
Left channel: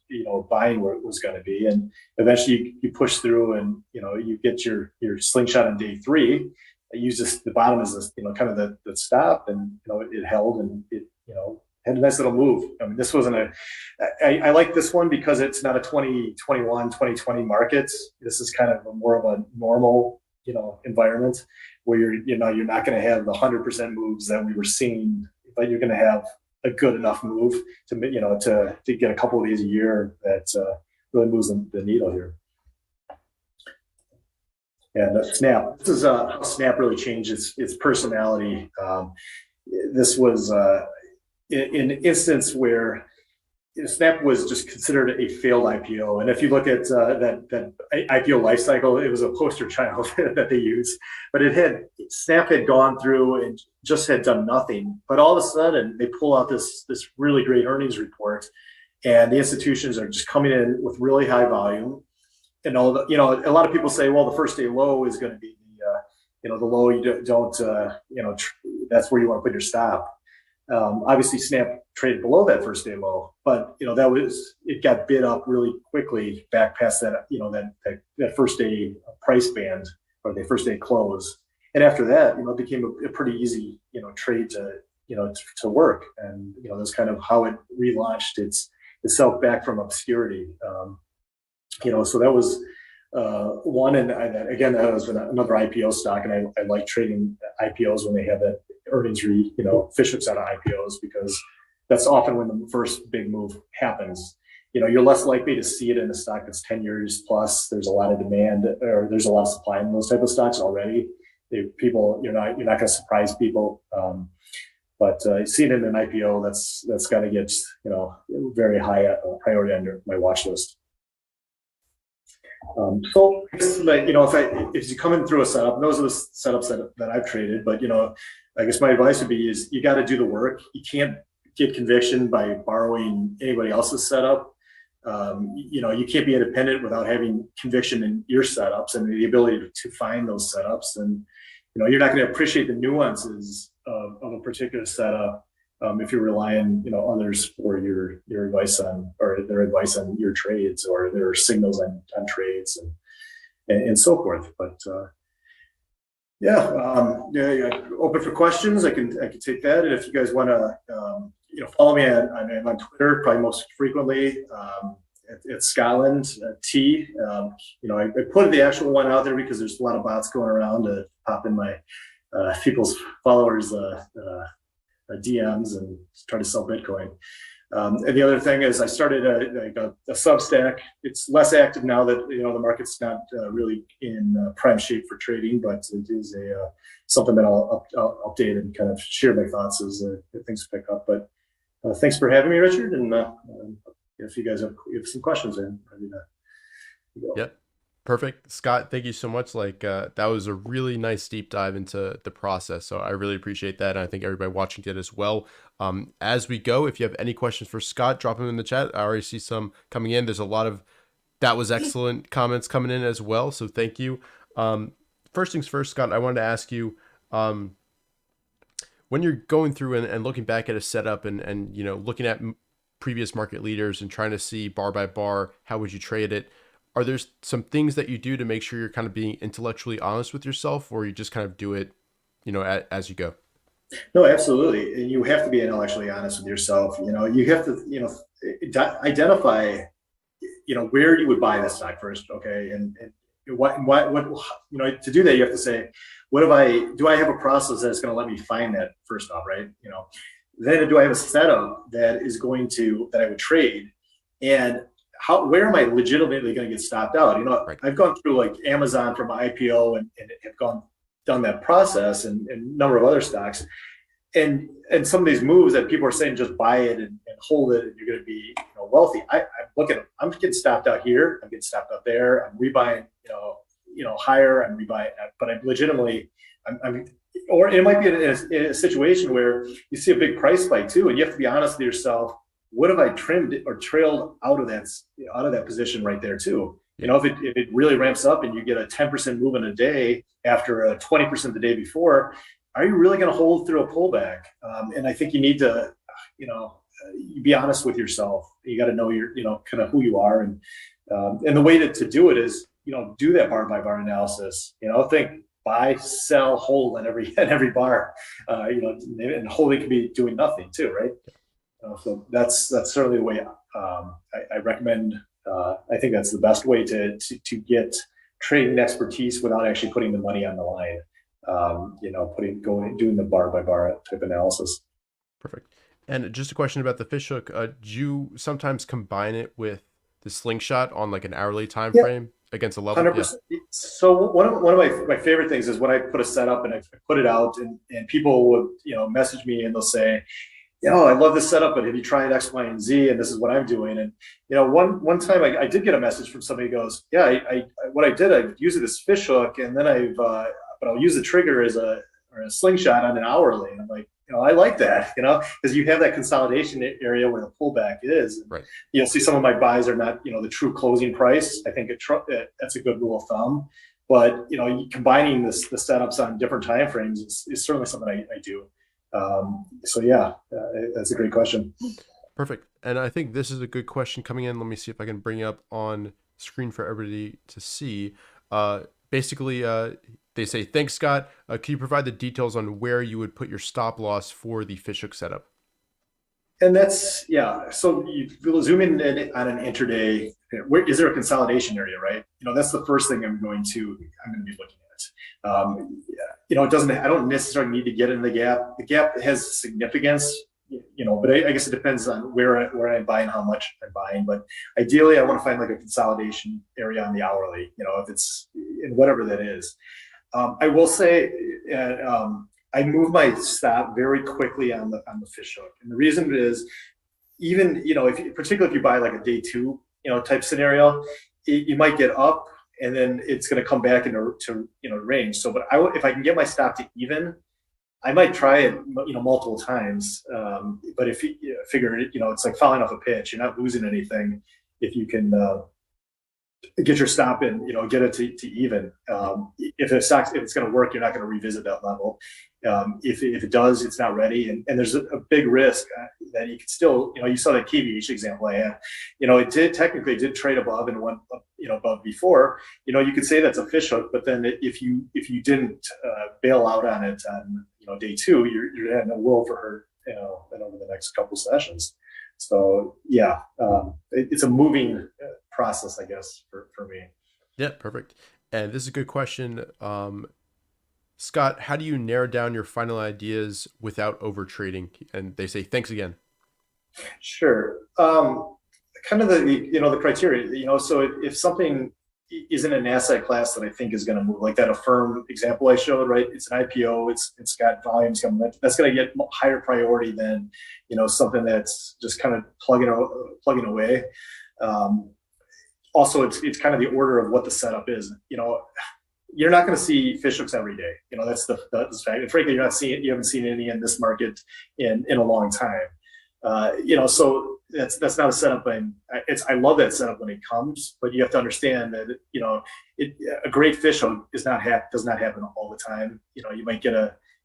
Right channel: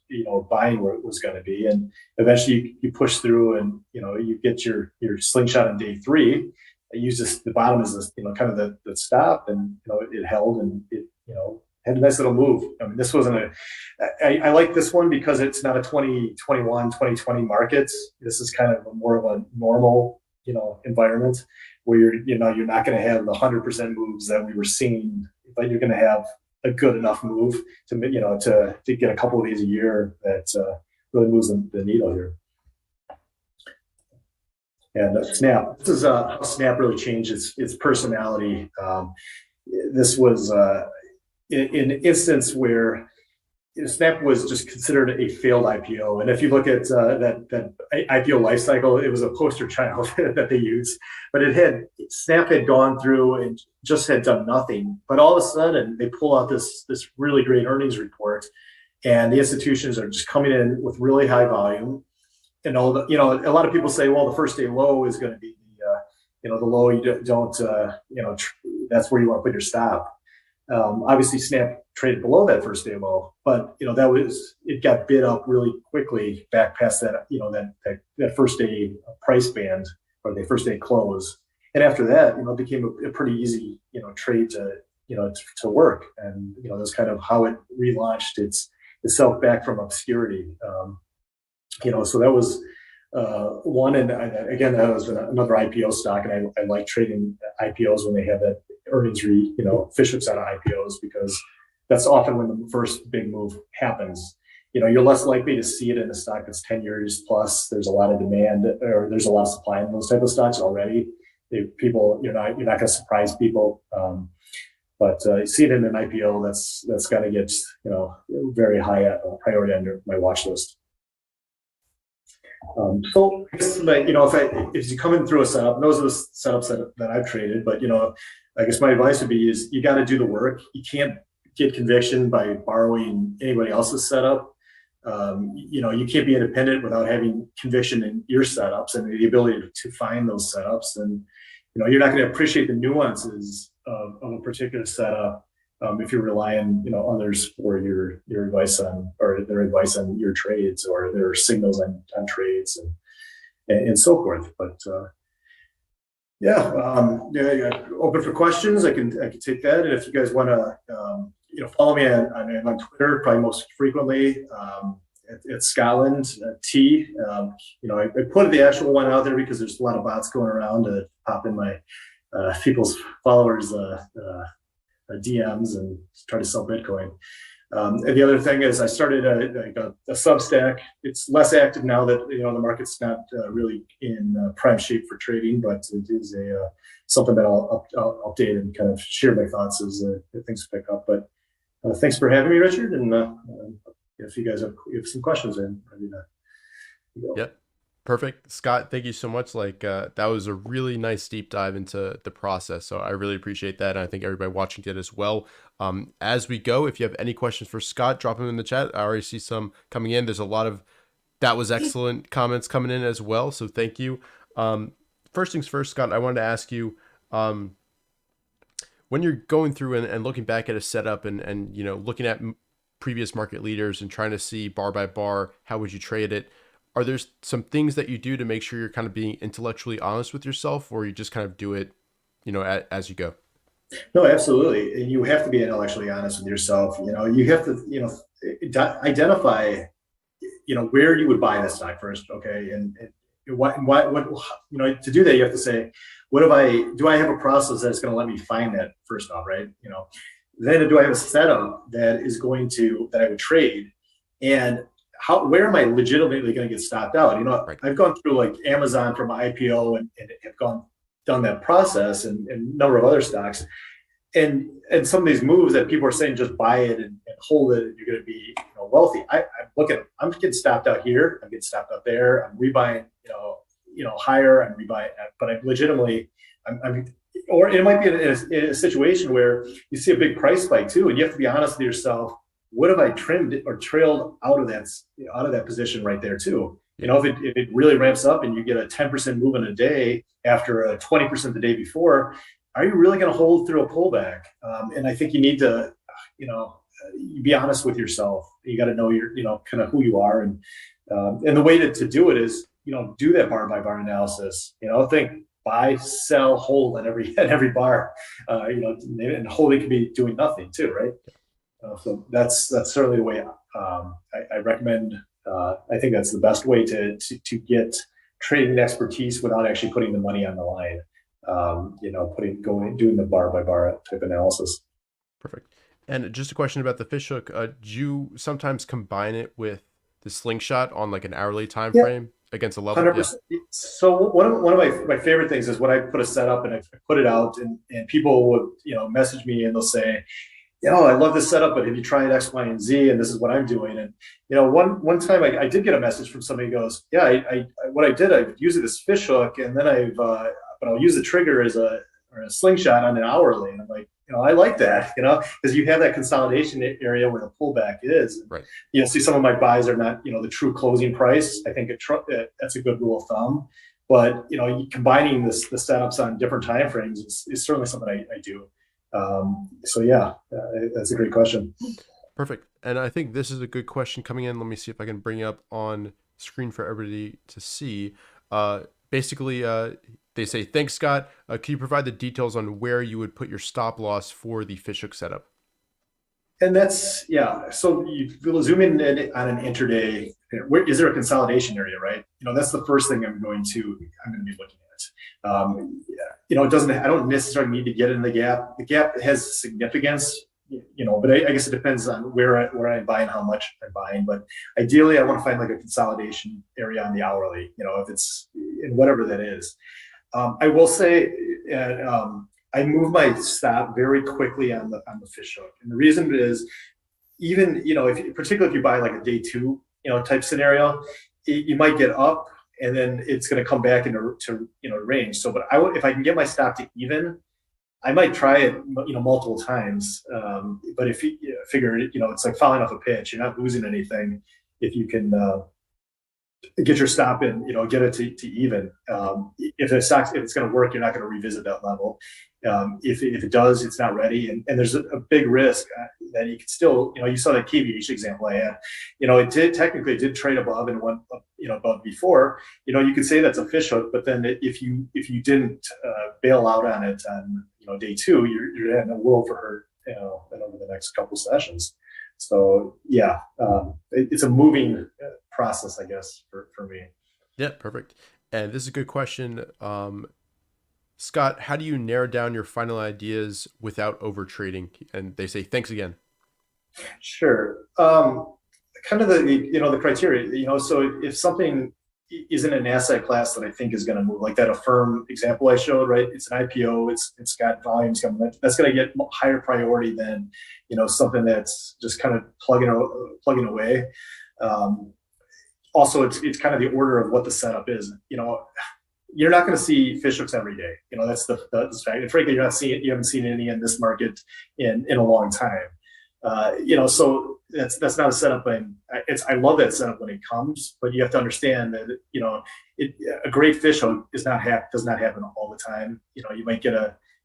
buying where it was going to be, and eventually you push through, and you get your slingshot on day 3. I use the bottom as kind of the stop, and it held, and it had a nice little move. I mean, this wasn't I like this one because it's not a 2021, 2020 market. This is kind of more of a normal environment where you're not going to have the 100% moves that we were seeing, but you're going to have a good enough move to get a couple of these a year that really moves the needle here. And Snap. This is how Snap really changed its personality. This was in an instance where Snap was just considered a failed IPO. And if you look at that IPO life cycle, it was a poster child that they used. But Snap had gone through and just had done nothing. But all of a sudden, they pull out this really great earnings report, and the institutions are just coming in with really high volume. And a lot of people say, well, the first day low is going to be the low you don't that's where you want to put your stop. Obviously, Snap traded below that first day low, but it got bid up really quickly back past that that first day price band or the first day close, and after that, it became a pretty easy trade to work, and that's kind of how it relaunched itself back from obscurity. So that was one, and again, that was another IPO stock, and I like trading IPOs when they have that earnings fish ups out of IPOs, because that's often when the first big move happens. You're less likely to see it in a stock that's 10 years plus. There's a lot of demand, or there's a lot of supply in those type of stocks already. You're not going to surprise people. But you see it in an IPO, that's got to get very high priority on my watch list. So if you come in through a setup, those are the setups that I've traded. But I guess my advice would be is you got to do the work. You can't get conviction by borrowing anybody else's setup. You can't be independent without having conviction in your setups and the ability to find those setups. And you're not going to appreciate the nuances of a particular setup if you're relying others for your advice on, or their advice on your trades, or their signals on trades and so forth. But open for questions. I can take that, and if you guys want to follow me on Twitter, probably most frequently at Scotland T. I put the actual one out there because there's a lot of bots going around to pop in my people's followers DMs and try to sell Bitcoin. And the other thing is I started a Substack. It's less active now that the market's not really in prime shape for trading, but it is something that I'll update and kind of share my thoughts as things pick up. But thanks for having me, Richard. And if you guys have some questions, I'm ready to go. Yep. Perfect. Scott, thank you so much. That was a really nice deep dive into the process. So I really appreciate that. And I think everybody watching did as well. As we go, if you have any questions for Scott, drop them in the chat. I already see some coming in. There's a lot of that was excellent comments coming in as well. So thank you. First things first, Scott, I wanted to ask you, when you're going through and looking back at a setup and looking at previous market leaders and trying to see bar by bar, how would you trade it? Are there some things that you do to make sure you're kind of being intellectually honest with yourself, or you just kind of do it, as you go? No, absolutely. And you have to be intellectually honest with yourself. You have to, identify, where you would buy that stock first. Okay. And what, to do that, you have to say, do I have a process that's going to let me find that first off, right? Then do I have a setup that I would trade, and where am I legitimately going to get stopped out? Right. I've gone through like Amazon from IPO and have done that process, and a number of other stocks. And some of these moves that people are saying, just buy it and hold it, and you're going to be wealthy. I look at them. I'm getting stopped out here. I'm getting stopped out there. I'm rebuying, higher. I'm rebuying, but I'm legitimately, or it might be in a situation where you see a big price spike too, and you have to be honest with yourself. What have I trimmed or trailed out of that position right there too? If it really ramps up and you get a 10% move in a day after a 20% the day before, are you really going to hold through a pullback? And I think you need to, be honest with yourself. You got to know kind of who you are, and the way to do it is, do that bar by bar analysis. Think buy, sell, hold at every bar. And holding can be doing nothing too, right? So that's certainly the way I recommend. I think that's the best way to get trading expertise without actually putting the money on the line. Doing the bar by bar type analysis. Perfect. And just a question about the fishhook. Do you sometimes combine it with the slingshot on like an hourly time frame against a level? 100%. Yeah. So one of my favorite things is when I put a setup and I put it out, and people would message me and they'll say, I love this setup, but have you tried X, Y, and Z? And this is what I'm doing. And one time I did get a message from somebody who goes, what I did, I use it as fish hook, and then but I'll use the trigger as a slingshot on an hourly. And I'm like, I like that, because you have that consolidation area where the pullback is. Right. You'll see some of my buys are not, the true closing price. I think that's a good rule of thumb. But combining the setups on different time frames is certainly something I do. That's a great question. Perfect. And I think this is a good question coming in. Let me see if I can bring it up on screen for everybody to see. Basically, they say, thanks, Scott. Can you provide the details on where you would put your stop loss for the fishhook setup? And that's, so you zoom in on an intraday. Where is there a consolidation area, right? That's the first thing I'm going to be looking at. It doesn't, I don't necessarily need to get in the gap. The gap has significance, but I guess it depends on where I'm buying, how much I'm buying. But ideally, I want to find like a consolidation area on the hourly, if it's in whatever that is. I will say, I move my stop very quickly on the fishhook, and the reason is, even particularly if you buy like a day two type scenario, you might get up and then it's going to come back into range. So, but if I can get my stop to even, I might try it multiple times. But if you figure it's like falling off a pitch, you're not losing anything if you can get your stop in, get it to even. If it's going to work, you're not going to revisit that level. If it does, it's not ready. And there's a big risk that you could still, you saw that KVH example I had, it technically did trade above and went up, above before, you could say that's a fish hook, but then if you didn't bail out on it on day two, you're in a world for her, and over the next couple sessions. So it's a moving process, I guess, for me. Yeah, perfect. And this is a good question. Scott, how do you narrow down your final ideas without over trading? And they say, thanks again. Sure. Kind of the criteria, so if something isn't an asset class that I think is going to move, like that Affirm example I showed, right? It's an IPO, it's got volumes coming, that's going to get higher priority than, something that's just kind of plugging away. Also, it's kind of the order of what the setup is. You're not going to see fish hooks every day. That's the fact. And frankly, you haven't seen any in this market in a long time. So that's not a setup. I love that setup when it comes, but you have to understand that a great fish hook does not happen all the time. You might get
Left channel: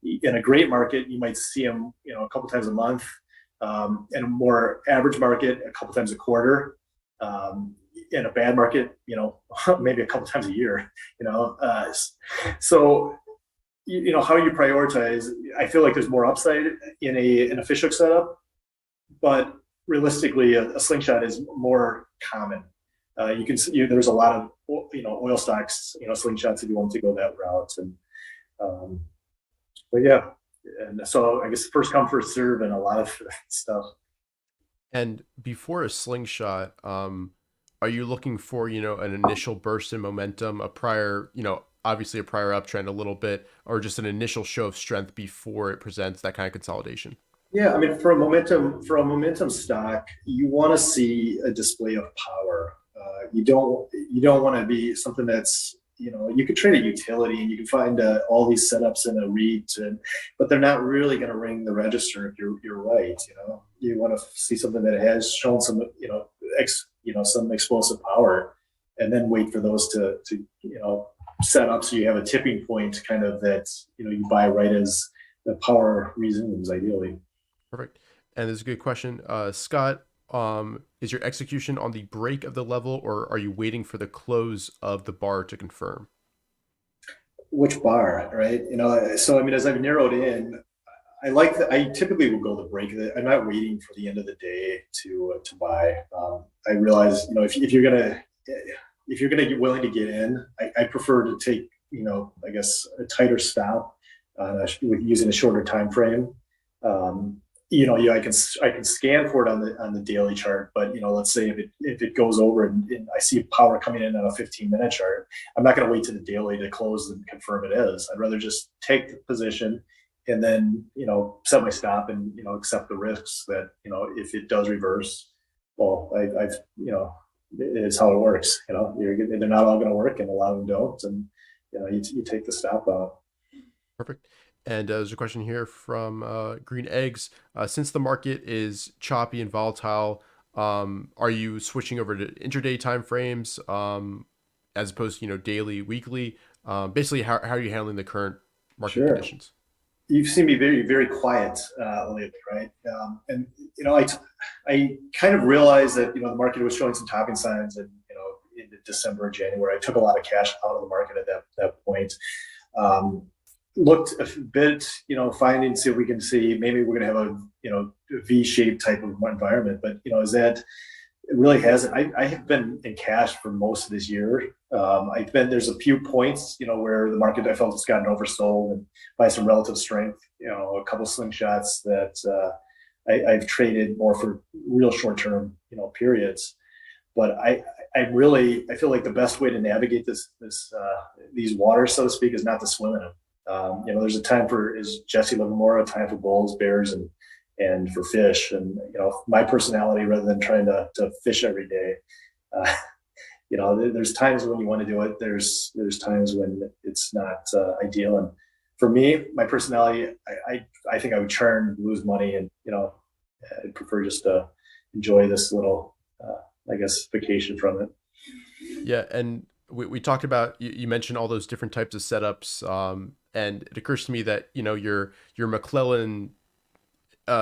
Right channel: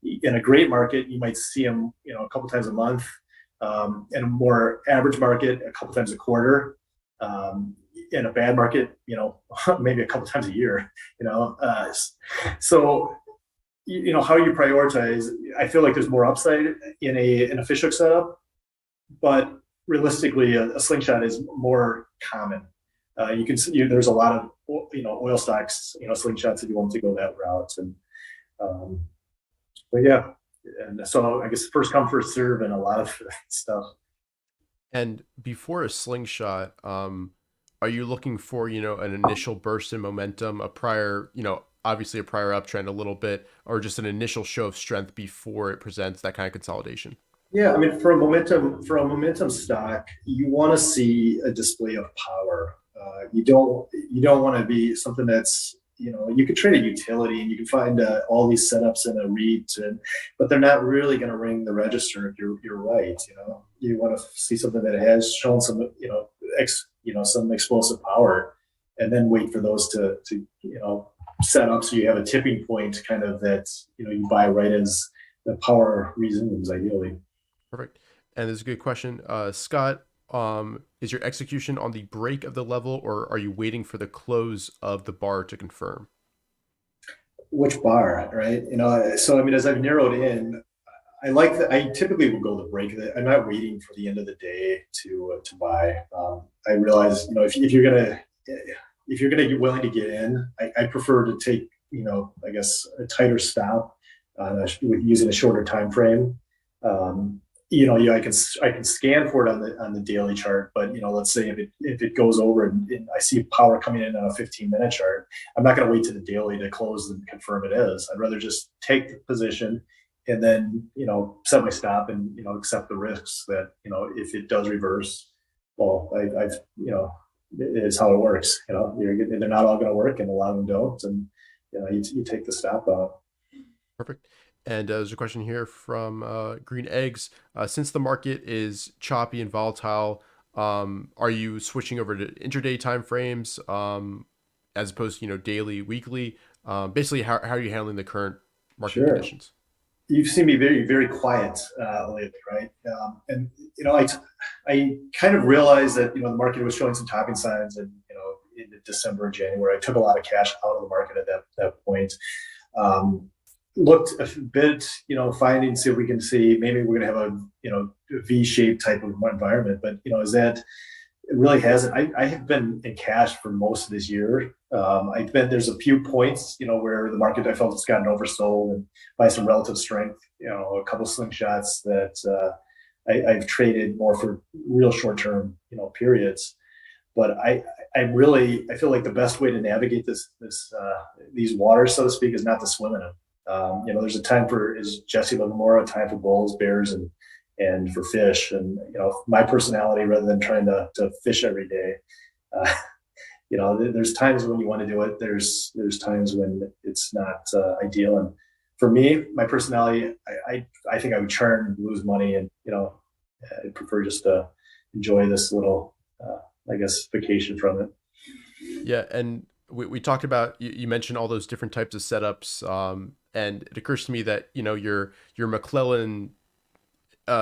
in a great market, you might see them a couple times a month. In a more average market, a couple times a quarter. In a bad market, maybe a couple times a year. So how you prioritize. I feel like there's more upside in a fish hook setup, but realistically, a slingshot is more common. You can see there's a lot of oil stocks, slingshots if you want to go that route. And but yeah, and so I guess first come first serve and a lot of stuff. And before a slingshot, are you looking for, an initial burst in momentum, a prior, obviously a prior uptrend a little bit, or just an initial show of strength before it presents that kind of consolidation? Yeah, I mean, for a momentum stock, you want to see a display of power. You don't want to be something that's, you could trade a utility and you can find all these setups in a REIT, but they're not really going to ring the register if you're right. You want to see something that has shown some, some explosive power, and then wait for those to set up so you have a tipping point kind of that, you buy right as the power resumes ideally. Perfect. And there's a good question. Scott, is your execution on the break of the level, or are you waiting for the close of the bar to confirm? Which bar, right? So I mean, as I've narrowed in, I typically will go the break. I'm not waiting for the end of the day to buy. I realize, if you're gonna get willing to get in, I prefer to take, I guess a tighter stop using a shorter time frame. I can scan for it on the daily chart, but let's say if it goes over and I see power coming in on a 15-minute chart, I'm not going to wait to the daily to close and confirm it is. I'd rather just take the position and then set my stop and accept the risks that if it does reverse, well, I've it's how it works. They're not all going to work, and a lot of them don't, and you take the stop out. Perfect. And there's a question here from Green Eggs. Since the market is choppy and volatile, are you switching over to intraday timeframes as opposed to I weekly? Basically, how are you handling the current market conditions? You've seen me very, very quiet lately, right? And I kind of realized that the market was showing some topping signs, and in December and January, I took a lot of cash out of the market at that point. Looked a bit, finding, see if we can see maybe we're going to have a V-shaped type of environment, but is that it really hasn't. I have been in cash for most of this year. There's a few points, where the market I felt has gotten oversold, and by some relative strength, a couple of slingshots that I've traded more for real short-term, periods. But I feel like the best way to navigate these waters, so to speak, is not to swim in them. There's a time for, as Jesse Livermore, a time for bulls, bears, and for fish. And my personality, rather than trying to fish every day, there's times when you want to do it. There's times when it's not ideal. And for me, my personality, I think I would churn, lose money, and I'd prefer just to enjoy this little, vacation from it. Yeah, and we talked about, you mentioned all those different types of setups, and it occurs to me that your McClellan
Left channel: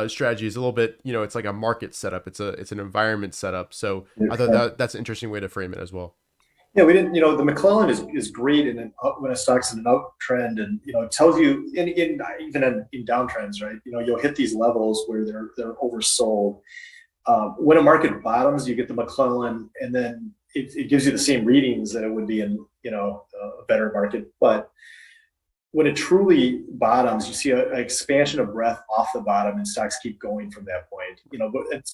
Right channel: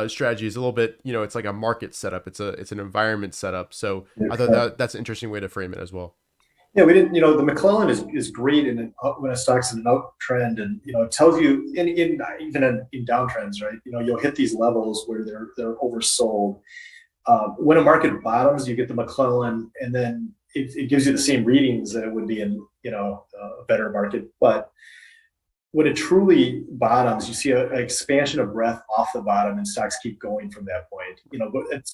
strategy is a little bit, it's like a market setup. It's an environment setup. So I thought that's an interesting way to frame it as well. Yeah, we didn't. The McClellan is great when a stock's in an uptrend, and it tells you even in downtrends, right? You'll hit these levels where they're oversold. When a market bottoms, you get the McClellan, and then it gives you the same readings that it would be in a better market. But when it truly bottoms, you see an expansion of breadth off the bottom, and stocks keep going from that point.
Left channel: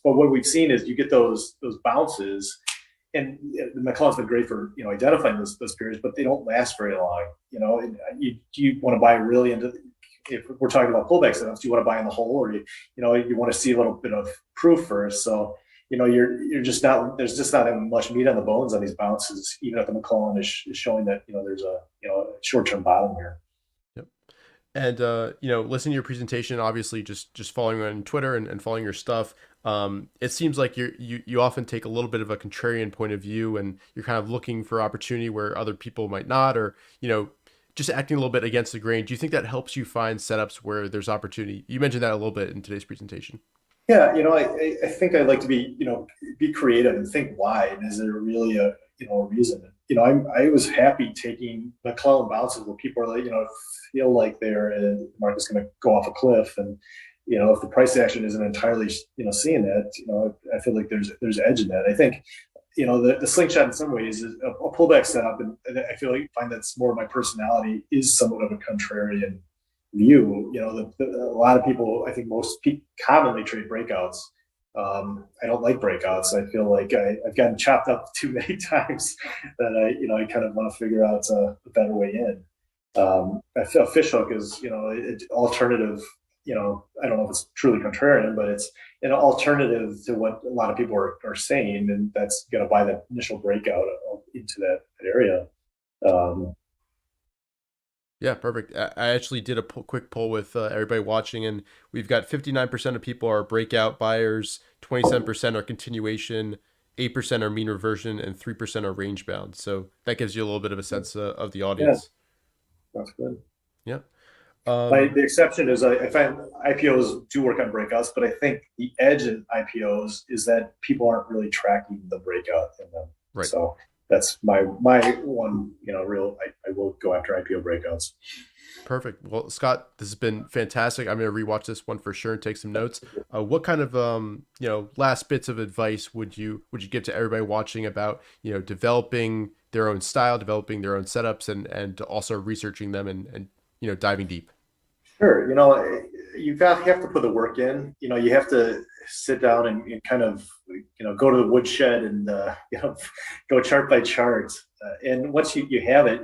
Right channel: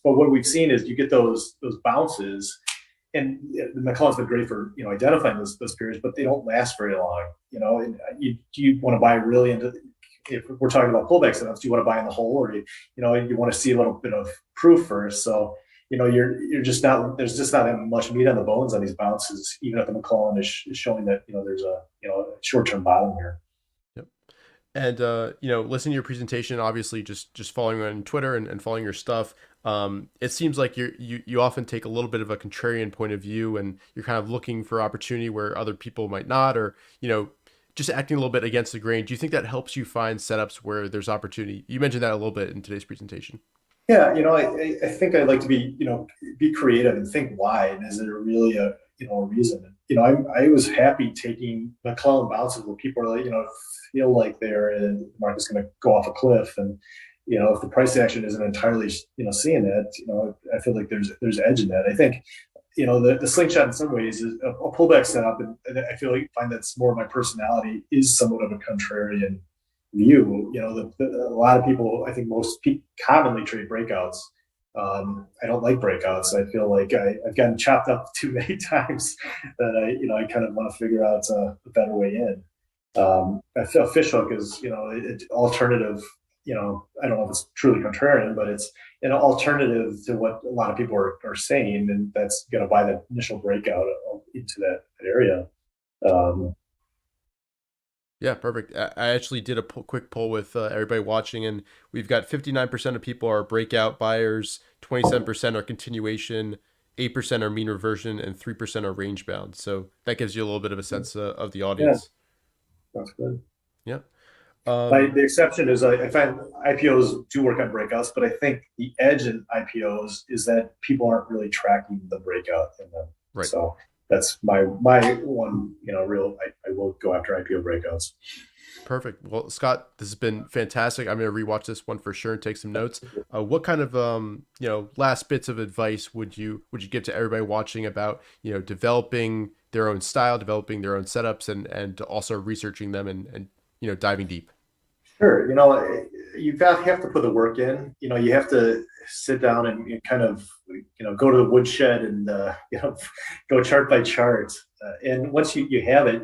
But what we've seen is you get those bounces, and the McClellan's been great for identifying those periods, but they don't last very long. And you want to buy really into. If we're talking about pullback setups, do you want to buy in the hole, or you want to see a little bit of proof first? So you're just not. There's just not much meat on the bones on these bounces, even if the McClellan is showing that there's a short-term bottom here. Yep. And listening to your presentation, obviously just following on Twitter and following your stuff, it seems like you often take a little bit of a contrarian point of view, and you're kind of looking for opportunity where other people might not, or just acting a little bit against the grain. Do you think that helps you find setups where there's opportunity? You mentioned that a little bit in today's presentation. Yeah, I think I like to be creative and think why, and is there really a reason? I was happy taking McClellan bounces where people are feel like the market's going to go off a cliff, and if the price action isn't entirely seeing that, I feel like there's edge in that. I think the slingshot in some ways is a pullback setup, and I find that's more of my personality, is somewhat of a contrarian view. A lot of people, I think most people commonly trade breakouts. I don't like breakouts. I feel like I've gotten chopped up too many times that I kind of want to figure out a better way in. I feel fishhook is, alternative. I don't know if it's truly contrarian, but it's an alternative to what a lot of people are saying, and that's going to buy the initial breakout into that area. Yeah, perfect. I actually did a quick poll with everybody watching, and we've got 59% of people are breakout buyers, 27% are continuation, 8% are mean reversion, and 3% are range bound. So that gives you a little bit of a sense of the audience. Yeah, that's good. Yeah. The exception is I find IPOs do work on breakouts, but I think the edge in IPOs is that people aren't really tracking the breakout in them. Right. So that's my one, real, I will go after IPO breakouts. Perfect. Well, Scott, this has been fantastic. I'm going to rewatch this one for sure and take some notes. What kind of last bits of advice would you give to everybody watching about developing their own style, developing their own setups, and also researching them and diving deep? Sure. You have to put the work in. You have to sit down and kind of go to the woodshed and go chart by chart. And once you have it,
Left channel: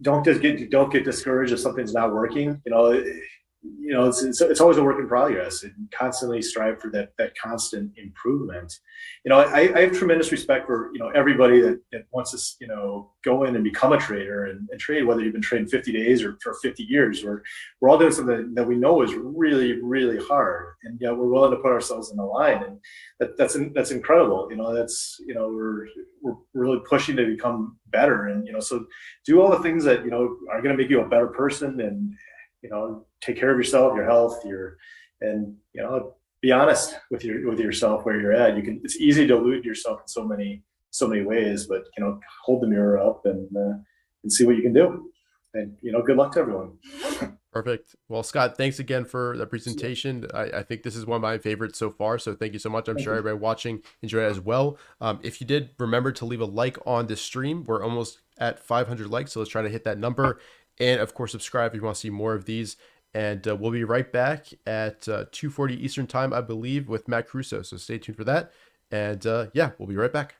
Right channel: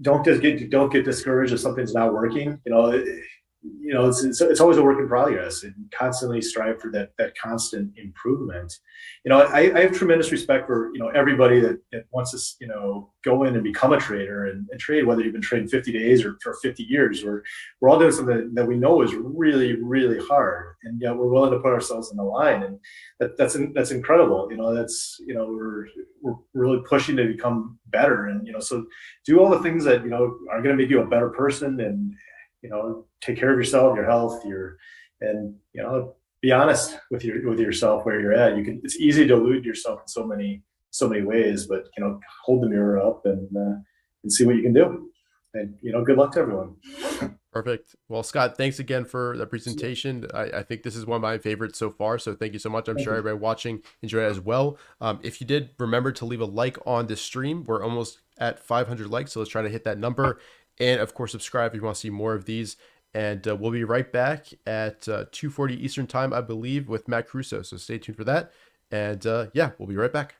don't get discouraged if something's not working. It's always a work in progress, and constantly strive for that constant improvement. I have tremendous respect for everybody that wants to go in and become a trader and trade, whether you've been trading 50 days or for 50 years. We're all doing something that we know is really, really hard, and yet we're willing to put ourselves in the line, and that's incredible. We're really pushing to become better, and so do all the things that are going to make you a better person, and take care of yourself, your health, and be honest with yourself where you're at. It's easy to delude yourself in so many ways, but hold the mirror up and see what you can do. And good luck to everyone. Perfect. Well, Scott, thanks again for the presentation. I think this is one of my favorites so far, so thank you so much. I'm sure everybody watching enjoyed it as well. If you did, remember to leave a like on this stream. We're almost at 500 likes, so let's try to hit that number. And of course, subscribe if you want to see more of these. And we'll be right back at 2:40 Eastern time, I believe, with Matt Caruso. So stay tuned for that. And yeah, we'll be right back.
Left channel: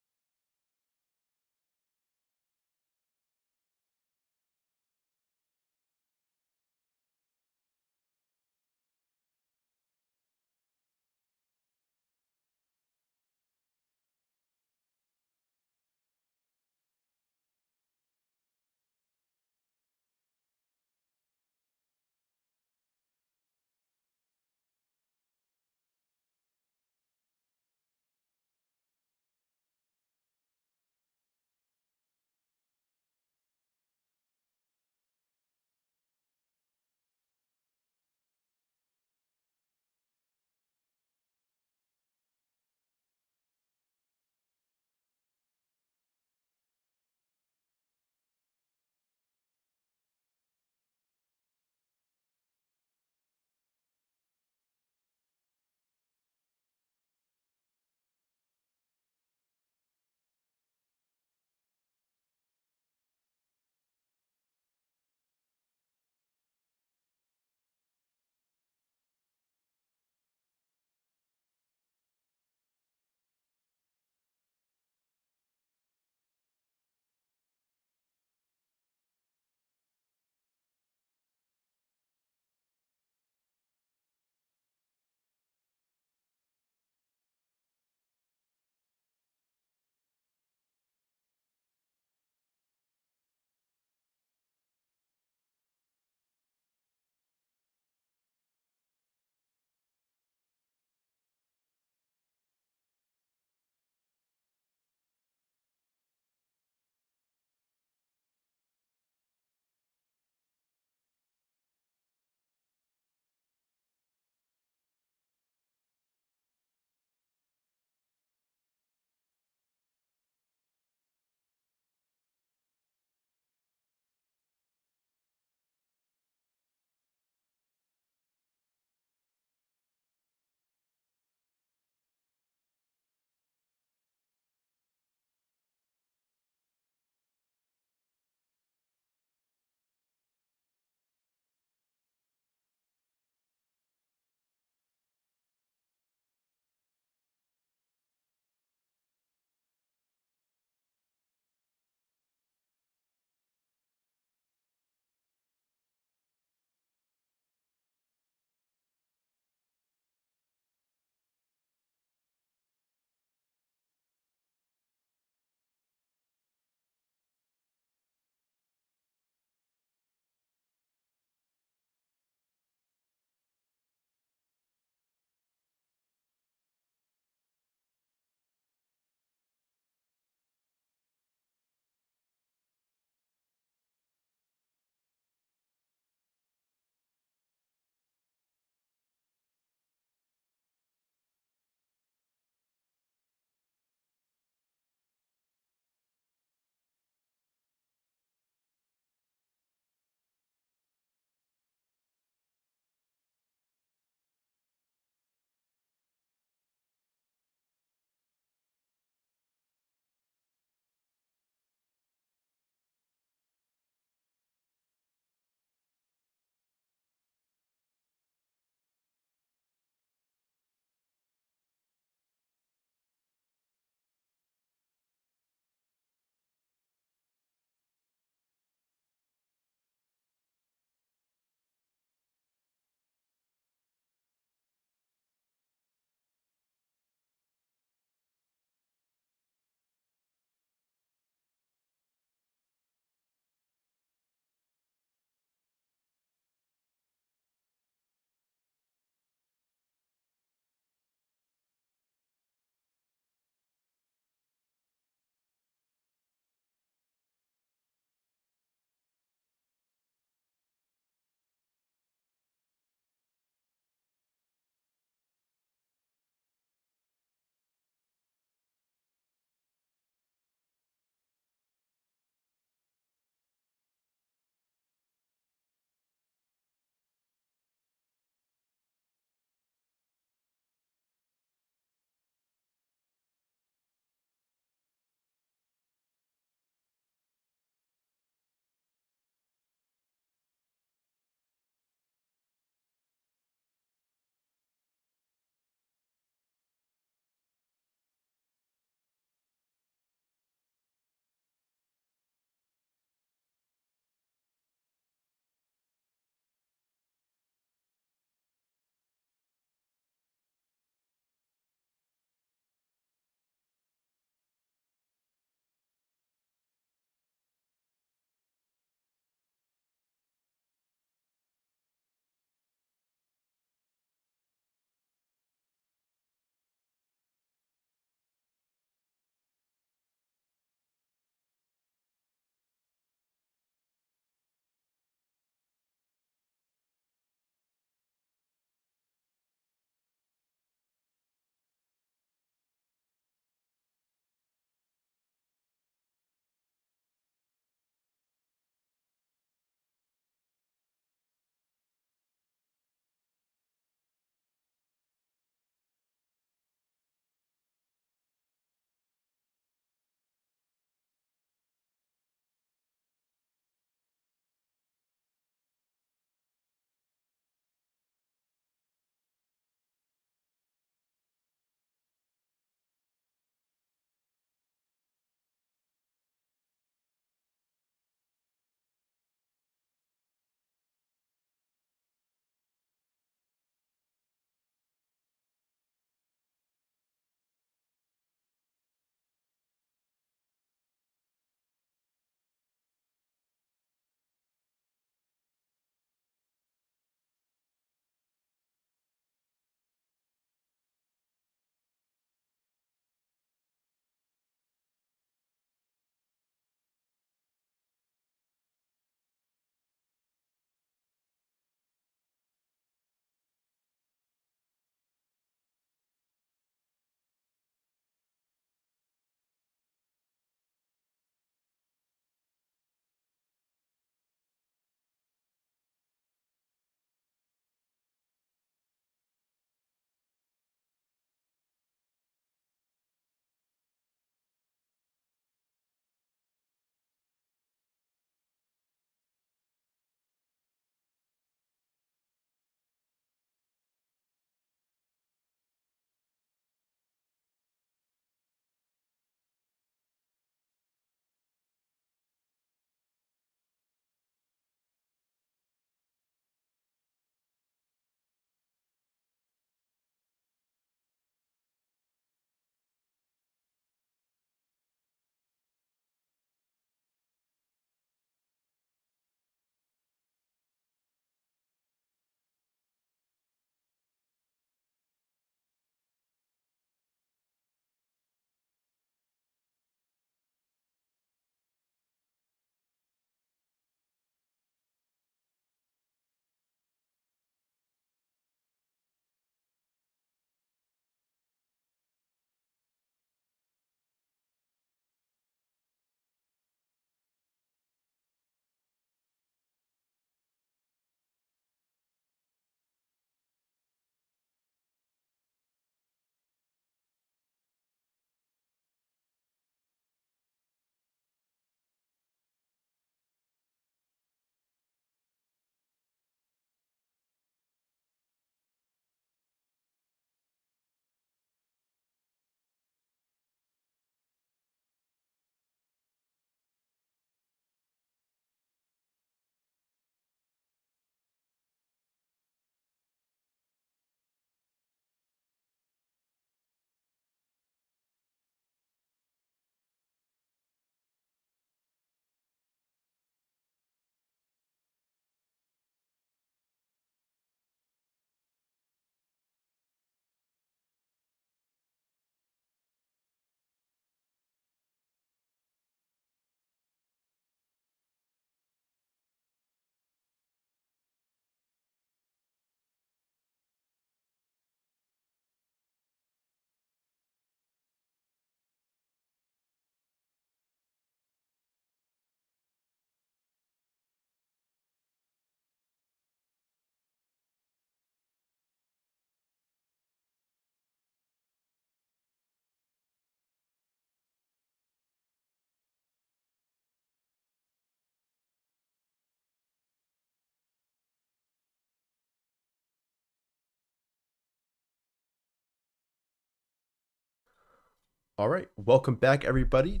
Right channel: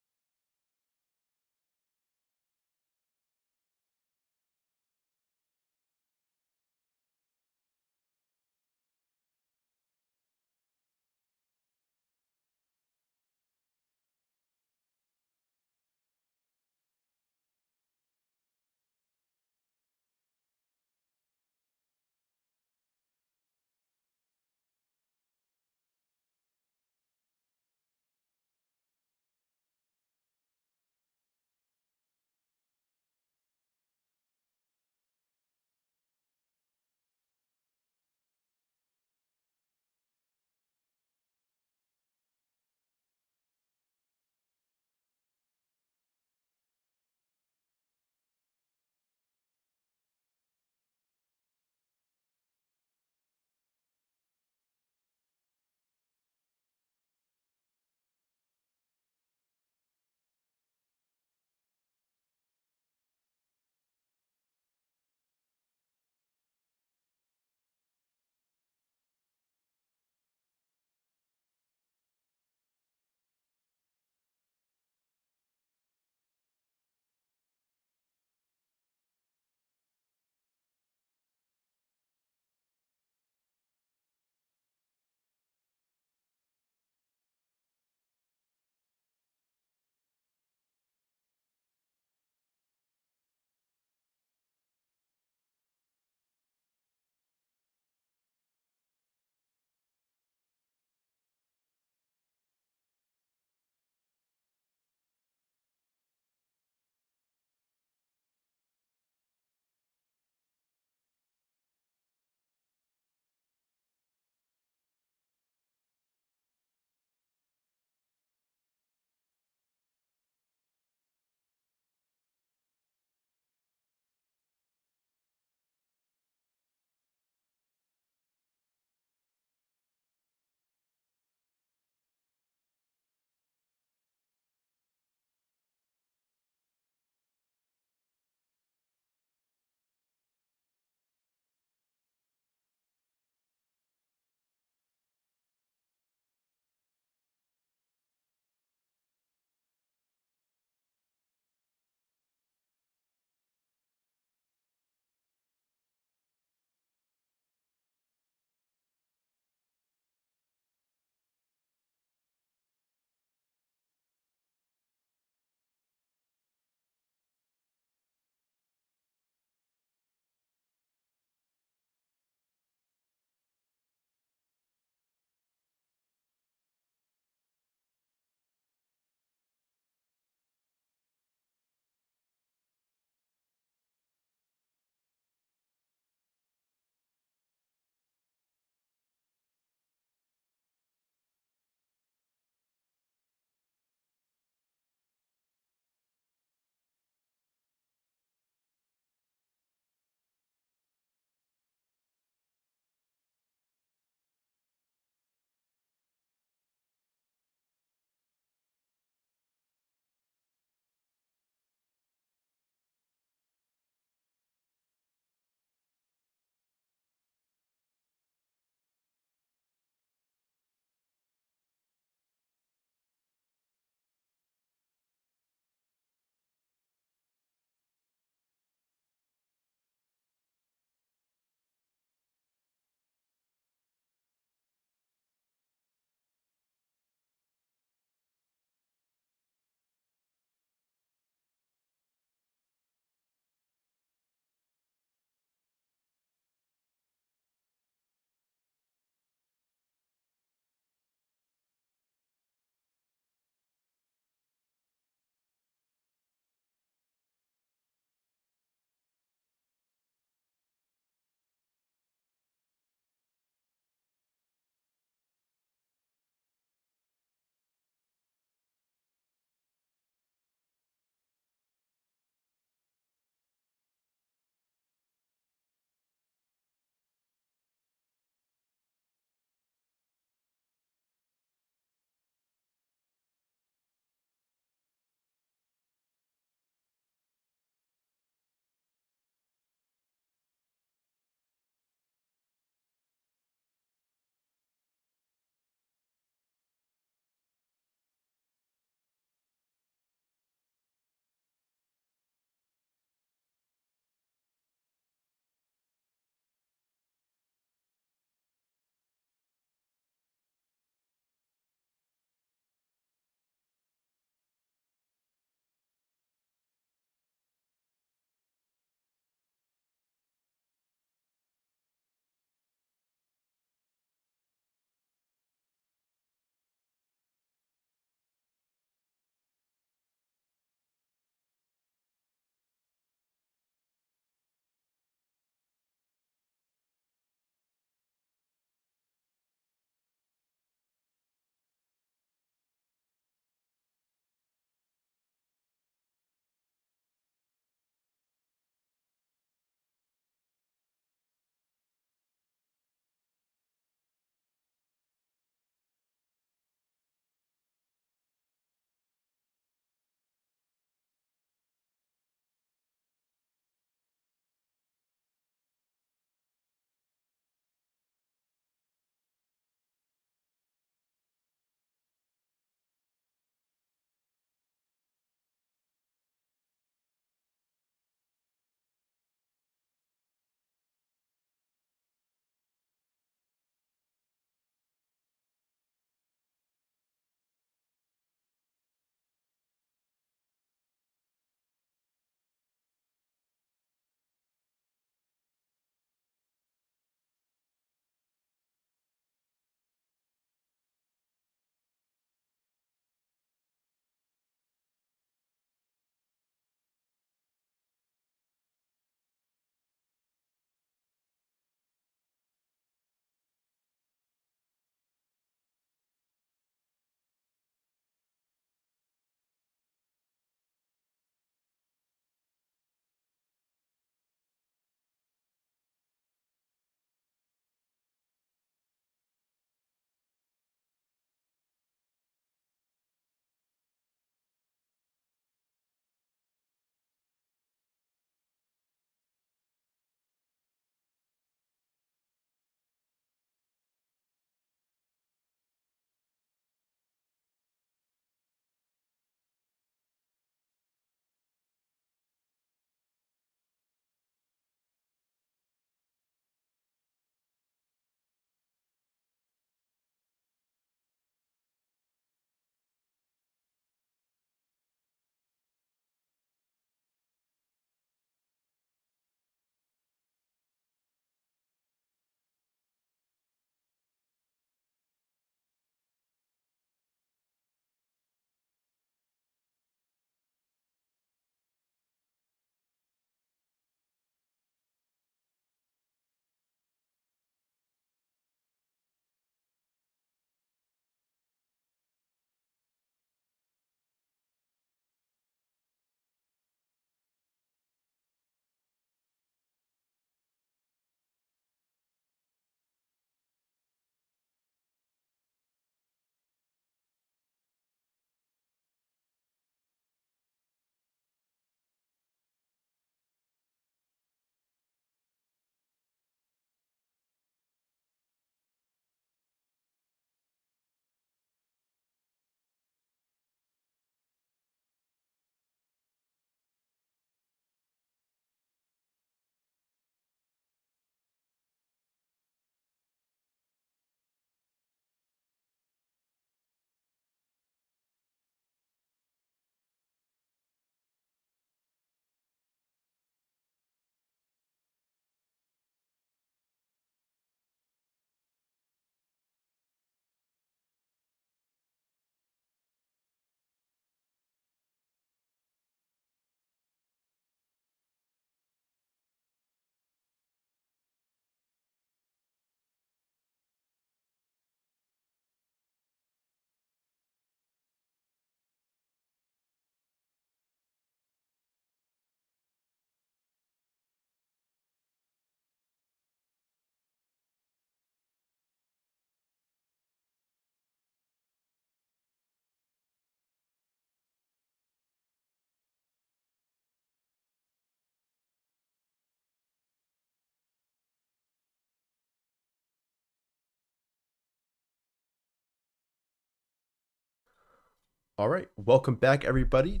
All right, welcome back, everybody.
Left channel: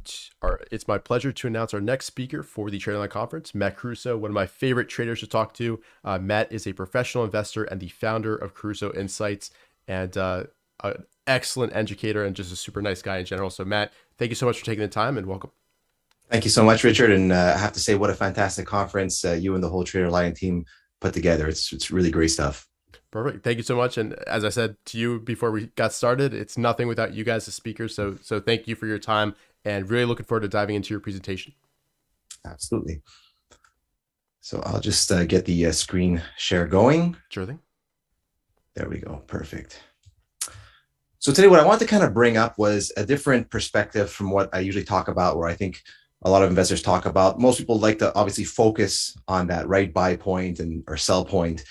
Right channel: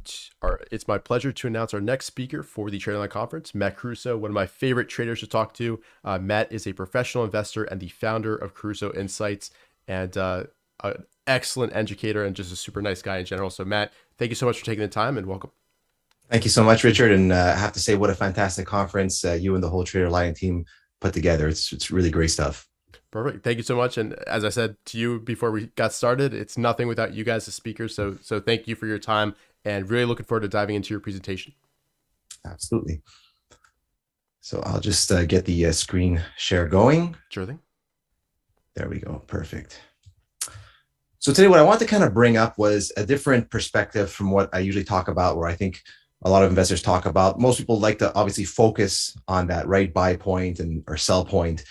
It's my pleasure to announce our next speaker for the TraderLion Conference, Matt Caruso, one of my favorite traders to talk to. Matt is a professional investor and the founder of Caruso Insights, and an excellent educator and just a super nice guy in general. So, Matt, thank you so much for taking the time and welcome. Thank you so much, Richard. And I have to say, what a fantastic conference you and the whole TraderLion team put together. It's really great stuff. Perfect. Thank you so much. And as I said to you before we got started, it's nothing without you guys as speakers. So thank you for your time and really looking forward to diving into your presentation. Absolutely. So I'll just get the screen share going. Sure thing. There we go. Perfect. So today what I want to kind of bring up was a different perspective from what I usually talk about, where I think a lot of investors talk about. Most people like to obviously focus on that right buy point or sell point.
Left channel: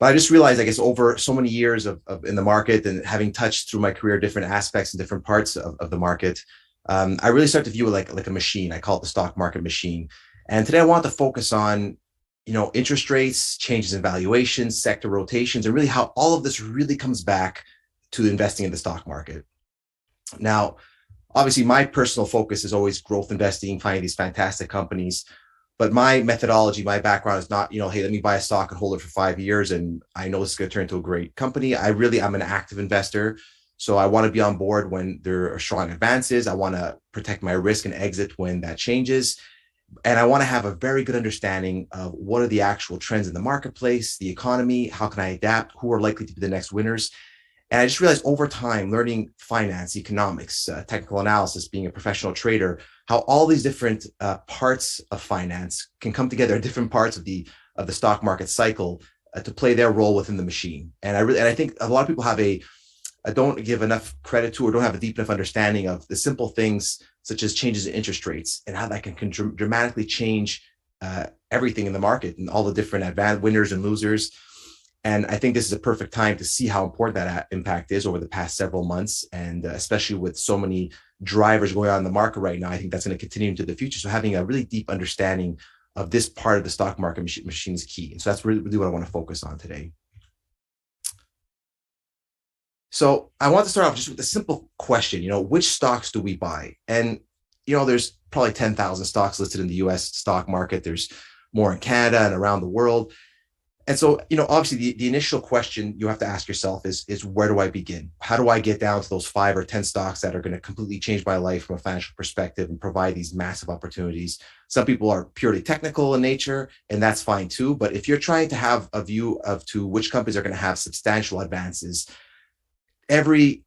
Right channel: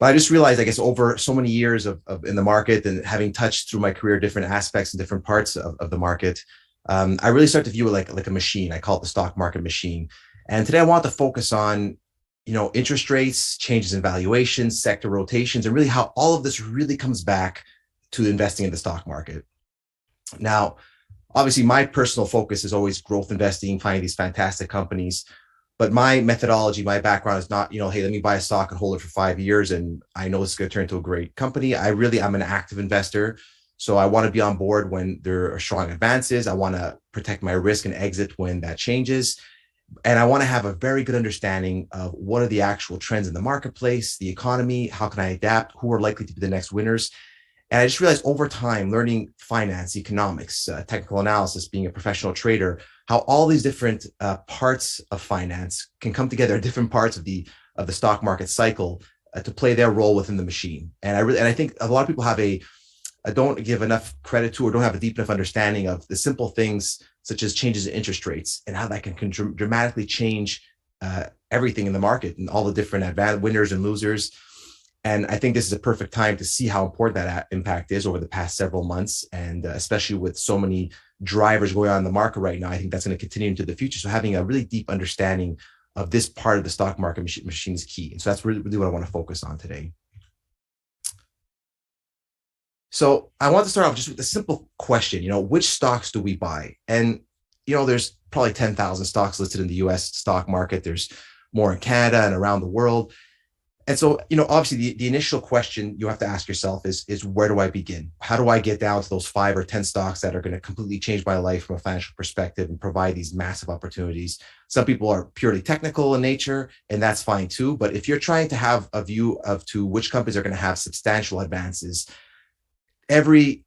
But I just realized, I guess, over so many years of in the market and having touched through my career different aspects and different parts of the market, I really start to view it like a machine. I call it the stock market machine. And today I want to focus on, interest rates, changes in valuations, sector rotations, and really how all of this really comes back to investing in the stock market. Now, obviously, my personal focus is always growth investing, finding these fantastic companies. But my methodology, my background is not, hey, let me buy a stock and hold it for 5 years and I know it's going to turn into a great company. I'm an active investor. So I want to be on board when there are strong advances. I want to protect my risk and exit when that changes. And I want to have a very good understanding of what are the actual trends in the marketplace, the economy, how can I adapt, who are likely to be the next winners. And I just realized over time, learning finance, economics, technical analysis, being a professional trader, how all these different parts of finance can come together at different parts of the stock market cycle to play their role within the machine. And I think a lot of people don't give enough credit to or don't have a deep enough understanding of the simple things such as changes in interest rates and how that can dramatically change everything in the market and all the different winners and losers. And I think this is a perfect time to see how important that impact is over the past several months. And especially with so many drivers going on in the market right now, I think that's going to continue into the future. So having a really deep understanding of this part of the stock market machine is key. And so that's really what I want to focus on today. So I want to start off just with a simple question, which stocks do we buy? And, there's probably 10,000 stocks listed in the US stock market. There's more in Canada and around the world. And so, obviously the initial question you have to ask yourself is where do I begin? How do I get down to those 5 or 10 stocks that are going to completely change my life from a financial perspective and provide these massive opportunities? Some people are purely technical in nature, and that's fine too. But if you're trying to have a view to which companies are going to have substantial advances, every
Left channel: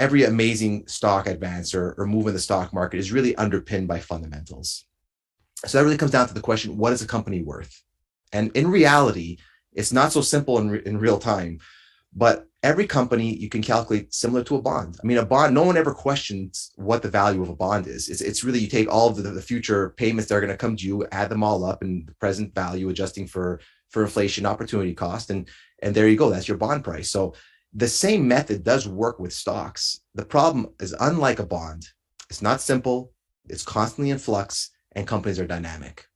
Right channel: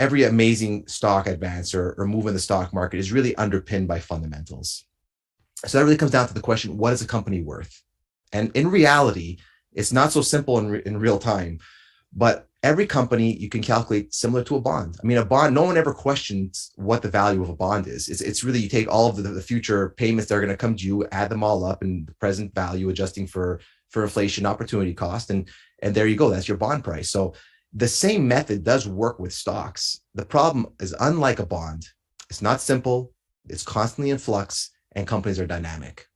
amazing stock advance or move in the stock market is really underpinned by fundamentals. So that really comes down to the question, what is a company worth? And in reality, it's not so simple in real time, but every company you can calculate similar to a bond. I mean, a bond, no one ever questions what the value of a bond is. It's really, you take all of the future payments that are going to come to you, add them all up and the present value adjusting for inflation, opportunity cost. And there you go, that's your bond price. So the same method does work with stocks. The problem is, unlike a bond, it's not simple, it's constantly in flux, and companies are dynamic.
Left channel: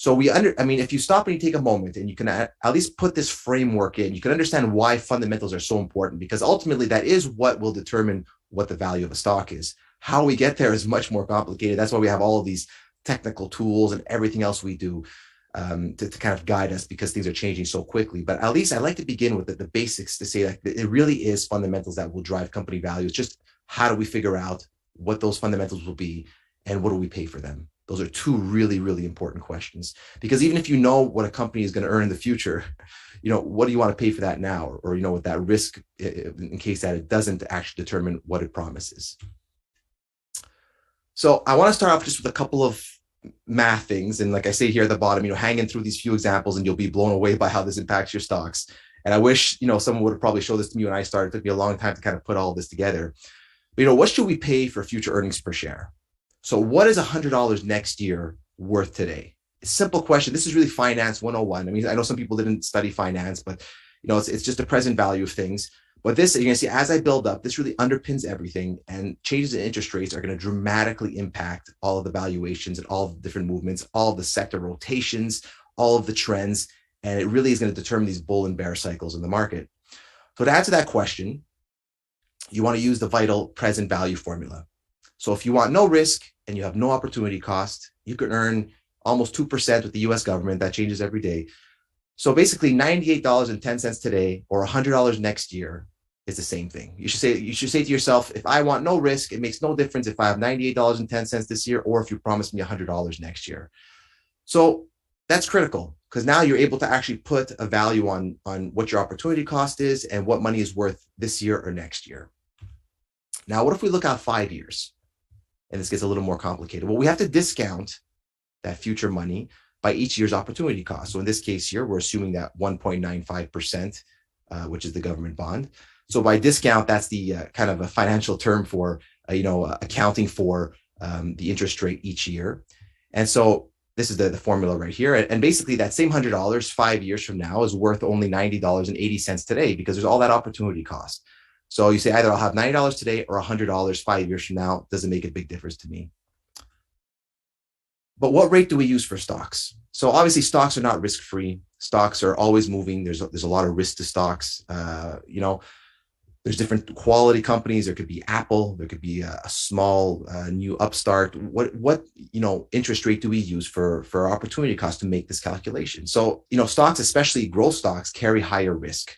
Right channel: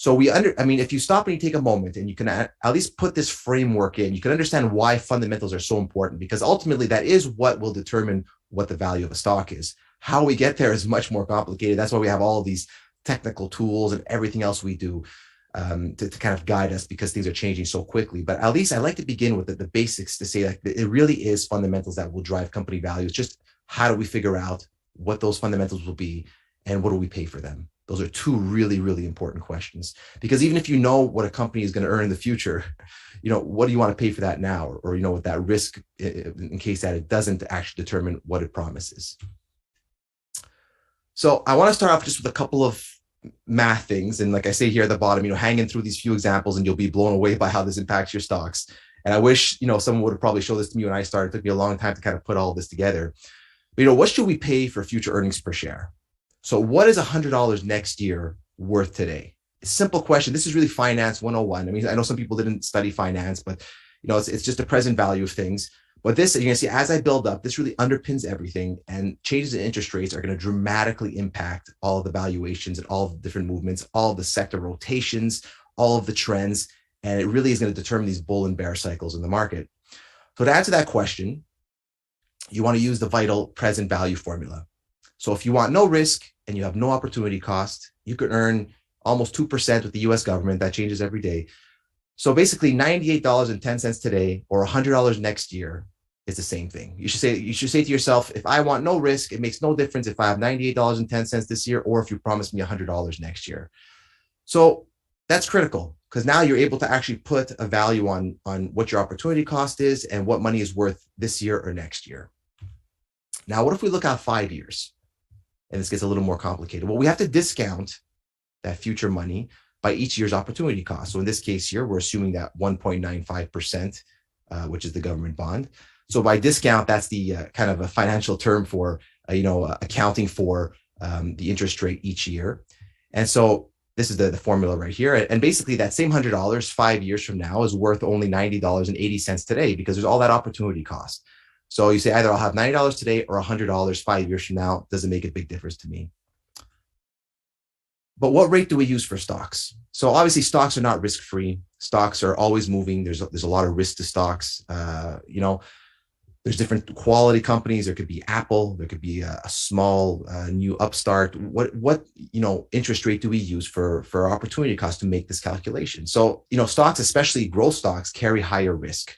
So if you stop and you take a moment and you can at least put this framework in, you can understand why fundamentals are so important, because ultimately that is what will determine what the value of a stock is. How we get there is much more complicated. That's why we have all of these technical tools and everything else we do to kind of guide us, because things are changing so quickly. But at least I like to begin with the basics to say that it really is fundamentals that will drive company value. It's just how do we figure out what those fundamentals will be and what do we pay for them? Those are 2 really, really important questions, because even if you know what a company is going to earn in the future, what do you want to pay for that now? Or with that risk in case that it doesn't actually determine what it promises. So I want to start off just with a couple of math things. And like I say here at the bottom, hang in through these few examples and you'll be blown away by how this impacts your stocks. And I wish, someone would have probably showed this to me when I started. It took me a long time to kind of put all this together. But, what should we pay for future earnings per share? So what is $100 next year worth today? Simple question. This is really finance 101. I mean, I know some people didn't study finance, but it's just a present value of things. But this, you're going to see, as I build up, this really underpins everything, and changes in interest rates are going to dramatically impact all of the valuations and all of the different movements, all of the sector rotations, all of the trends, and it really is going to determine these bull and bear cycles in the market. So to answer that question, you want to use the vital present value formula. So if you want no risk and you have no opportunity cost, you can earn almost 2% with the US government. That changes every day. So basically $98.10 today or $100 next year is the same thing. You should say to yourself, if I want no risk, it makes no difference if I have $98.10 this year or if you promise me $100 next year. So that's critical because now you're able to actually put a value on what your opportunity cost is and what money is worth this year or next year. Now, what if we look out 5 years? And this gets a little more complicated. Well, we have to discount that future money by each year's opportunity cost. So in this case here, we're assuming that 1.95%, which is the government bond. So by discount, that's the kind of a financial term for, accounting for the interest rate each year. And so this is the formula right here. And basically that same $100 5 years from now is worth only $90.80 today because there's all that opportunity cost. So you say either I'll have $90 today or $100 5 years from now. Doesn't make a big difference to me. But what rate do we use for stocks? So obviously stocks are not risk-free. Stocks are always moving. There's a lot of risk to stocks. There's different quality companies. There could be Apple. There could be a small new upstart. What interest rate do we use for our opportunity cost to make this calculation? So stocks, especially growth stocks, carry higher risk.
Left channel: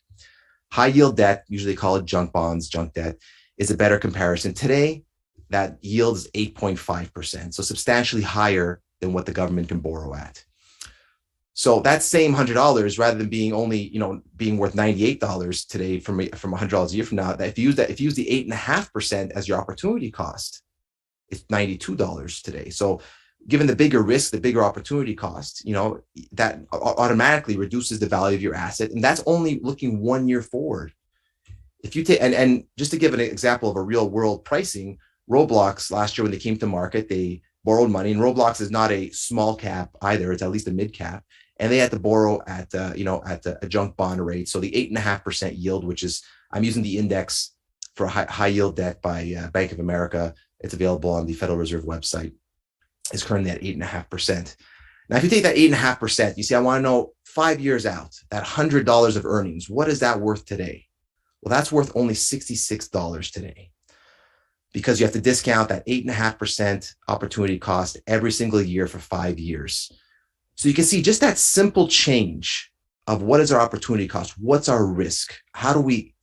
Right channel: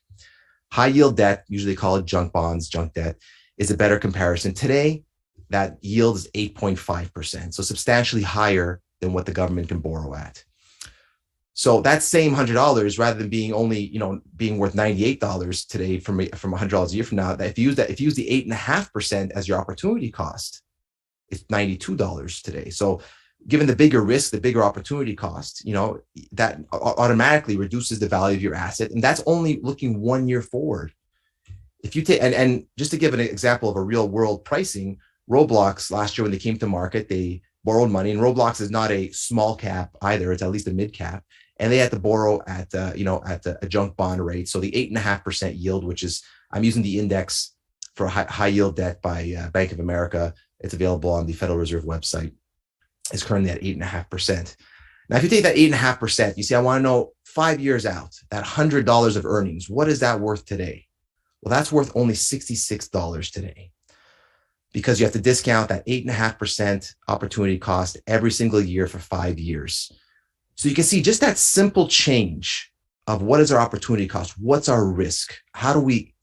High yield debt, usually call it junk bonds, junk debt, is a better comparison. Today, that yield is 8.5%, so substantially higher than what the government can borrow at. So that same $100, rather than being only, being worth $98 today from $100 a year from now, that if you use the 8.5% as your opportunity cost, it's $92 today. So given the bigger risk, the bigger opportunity cost, that automatically reduces the value of your asset. And that's only looking 1 year forward. If you take, and just to give an example of a real world pricing, Roblox last year when they came to market, they borrowed money, and Roblox is not a small cap either. It's at least a mid cap. And they had to borrow at a junk bond rate. So the 8.5% yield, which is, I'm using the index for high yield debt by Bank of America. It's available on the Federal Reserve website, is currently at 8.5%. Now, if you take that 8.5%, you say, I want to know 5 years out, that $100 of earnings, what is that worth today? Well, that's worth only $66 today because you have to discount that 8.5% opportunity cost every single year for 5 years. So you can see just that simple change of what is our opportunity cost, what's our risk, how do we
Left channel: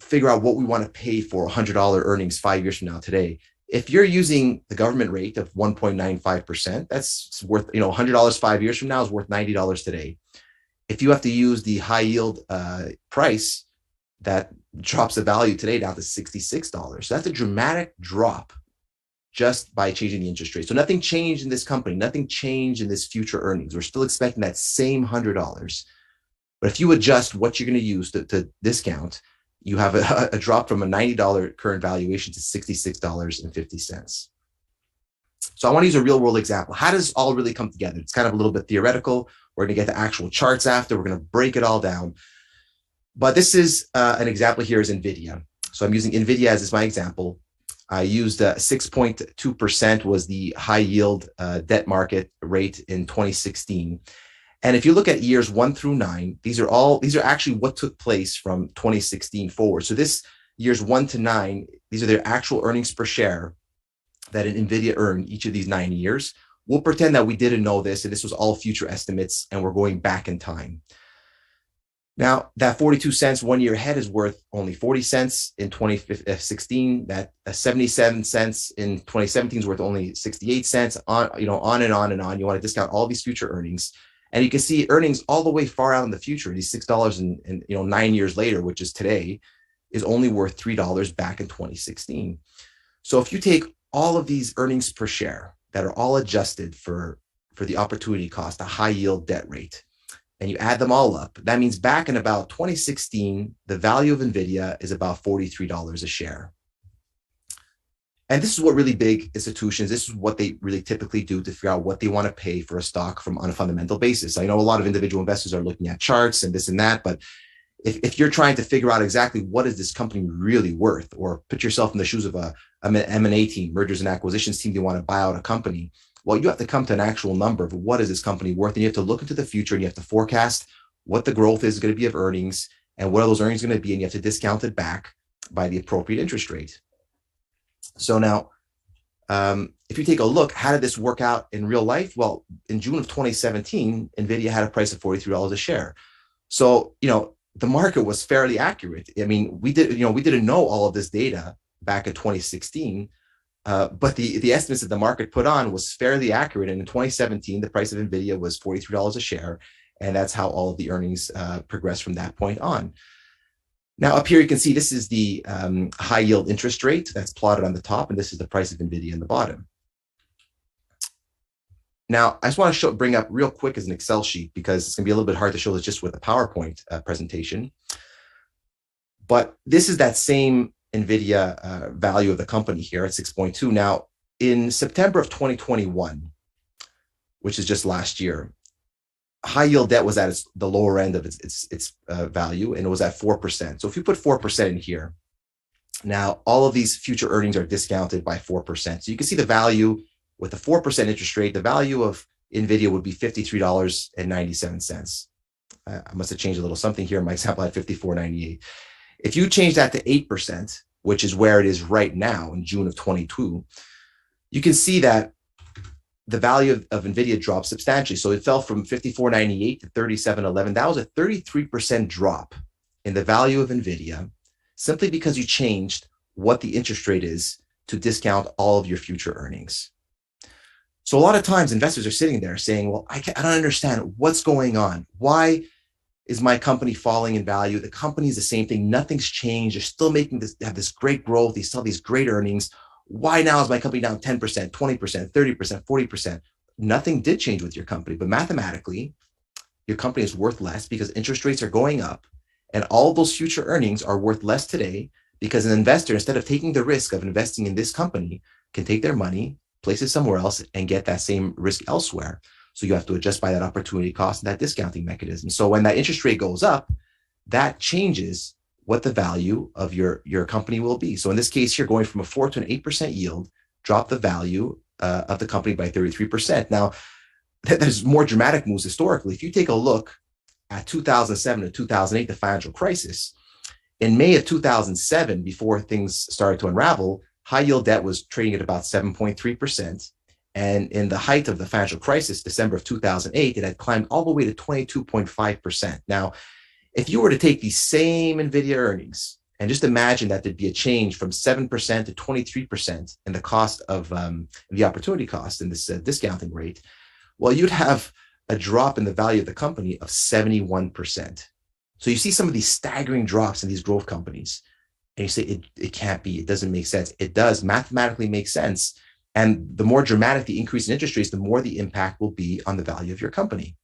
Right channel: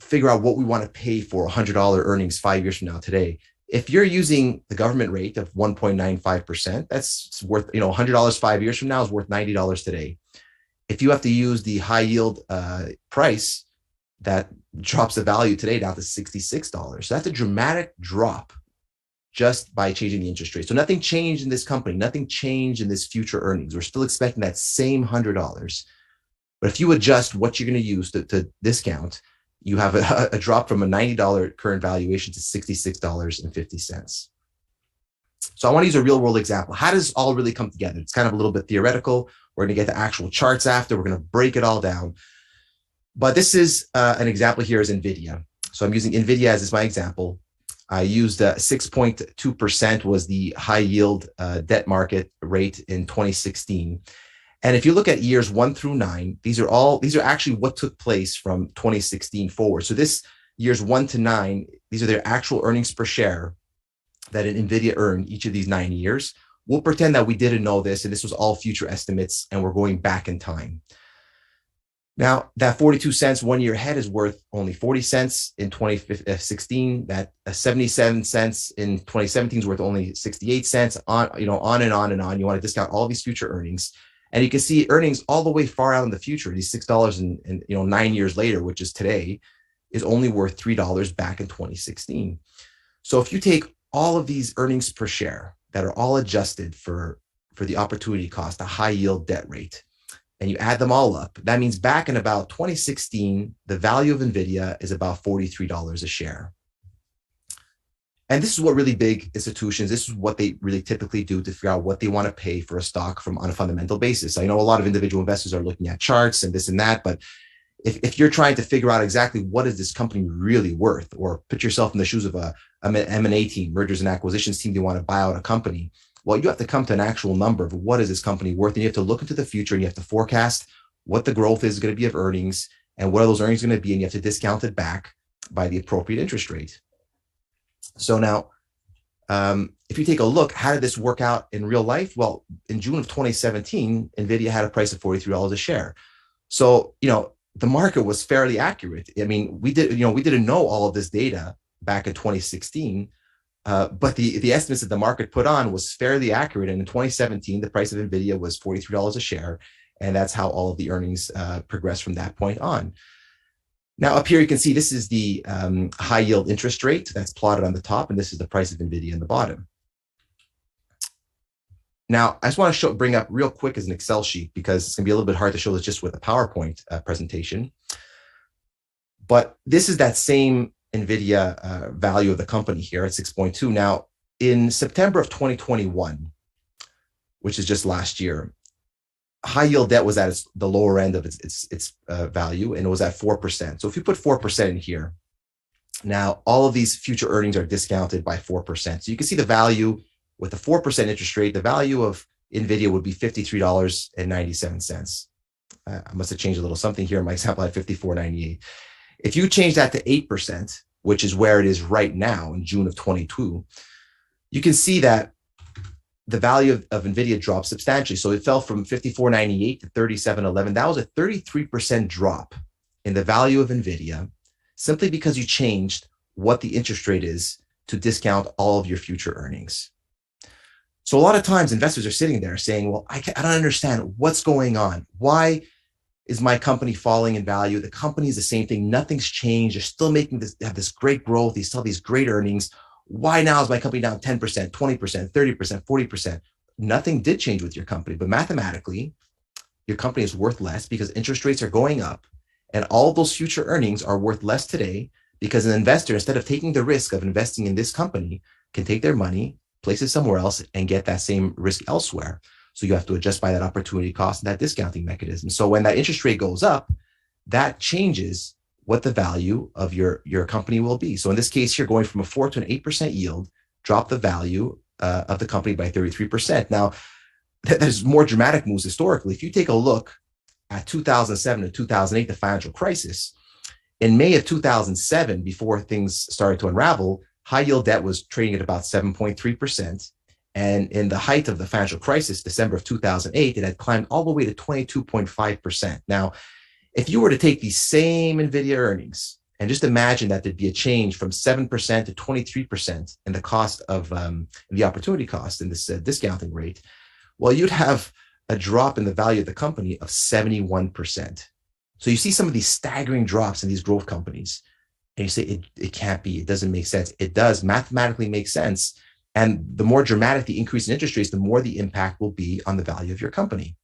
figure out what we want to pay for $100 earnings 5 years from now today. If you're using the government rate of 1.95%, that's worth, $100 5 years from now is worth $90 today. If you have to use the high yield price, that drops the value today down to $66. So that's a dramatic drop just by changing the interest rate. So nothing changed in this company, nothing changed in this future earnings. We're still expecting that same $100. But if you adjust what you're going to use to discount, you have a drop from a $90 current valuation to $66.50. So I want to use a real world example. How does this all really come together? It's kind of a little bit theoretical. We're going to get the actual charts after. We're going to break it all down. But this is an example here is NVIDIA. So I'm using NVIDIA as my example. I used 6.2% was the high yield debt market rate in 2016. And if you look at years 1 through 9, these are actually what took place from 2016 forward. So this years 1 to 9, these are their actual earnings per share that an NVIDIA earned each of these 9 years. We'll pretend that we didn't know this, and this was all future estimates, and we're going back in time. Now, that 42 cents 1 year ahead is worth only 40 cents in 2016. That 77 cents in 2017 is worth only 68 cents, on and on and on. You want to discount all these future earnings. And you can see earnings all the way far out in the future. These $6 and 9 years later, which is today, is only worth $3 back in 2016. So if you take all of these earnings per share that are all adjusted for the opportunity cost, a high yield debt rate, and you add them all up, that means back in about 2016, the value of NVIDIA is about $43 a share. And this is what really big institutions, this is what they really typically do to figure out what they want to pay for a stock on a fundamental basis. I know a lot of individual investors are looking at charts and this and that, but if you're trying to figure out exactly what is this company really worth, or put yourself in the shoes of an M&A team, mergers and acquisitions team, they want to buy out a company, well, you have to come to an actual number of what is this company worth, and you have to look into the future and you have to forecast what the growth is going to be of earnings and what are those earnings going to be, and you have to discount it back by the appropriate interest rate. So now, if you take a look, how did this work out in real life? Well, in June of 2017, NVIDIA had a price of $43 a share. So, the market was fairly accurate. I mean, we didn't know all of this data back in 2016, but the estimates that the market put on was fairly accurate. And in 2017, the price of NVIDIA was $43 a share. And that's how all of the earnings progressed from that point on. Now, up here, you can see this is the high yield interest rate that's plotted on the top, and this is the price of NVIDIA in the bottom. Now, I just want to bring up real quick as an Excel sheet, because it's going to be a little bit hard to show this just with a PowerPoint presentation. But this is that same NVIDIA value of the company here at 6.2. Now, in September of 2021, which is just last year, high yield debt was at the lower end of its value, and it was at 4%. So if you put 4% in here, now all of these future earnings are discounted by 4%. So you can see the value with a 4% interest rate, the value of NVIDIA would be $53.97. I must have changed a little something here. My example had $54.98. If you change that to 8%, which is where it is right now in June of 22, you can see that the value of NVIDIA dropped substantially. So it fell from $54.98 to $37.11. That was a 33% drop in the value of NVIDIA, simply because you changed what the interest rate is to discount all of your future earnings. So a lot of times investors are sitting there saying, well, I don't understand what's going on. Why is my company falling in value? The company is the same thing. Nothing's changed. They're still have this great growth. They still have these great earnings. Why now is my company down 10%, 20%, 30%, 40%? Nothing did change with your company, but mathematically, your company is worth less because interest rates are going up, and all those future earnings are worth less today because an investor, instead of taking the risk of investing in this company, can take their money, place it somewhere else, and get that same risk elsewhere. So you have to adjust by that opportunity cost and that discounting mechanism. So when that interest rate goes up, that changes what the value of your company will be. So in this case, you're going from a 4 to an 8% yield, drop the value of the company by 33%. Now, there's more dramatic moves historically. If you take a look at 2007 to 2008, the financial crisis, in May of 2007, before things started to unravel, high yield debt was trading at about 7.3%. And in the height of the financial crisis, December of 2008, it had climbed all the way to 22.5%. Now, if you were to take these same NVIDIA earnings and just imagine that there'd be a change from 7% to 23% in the cost of the opportunity cost in this discounting rate, well, you'd have a drop in the value of the company of 71%. So you see some of these staggering drops in these growth companies, and you say, it can't be, it doesn't make sense. It does mathematically make sense. And the more dramatic the increase in interest rates, the more the impact will be on the value of your company.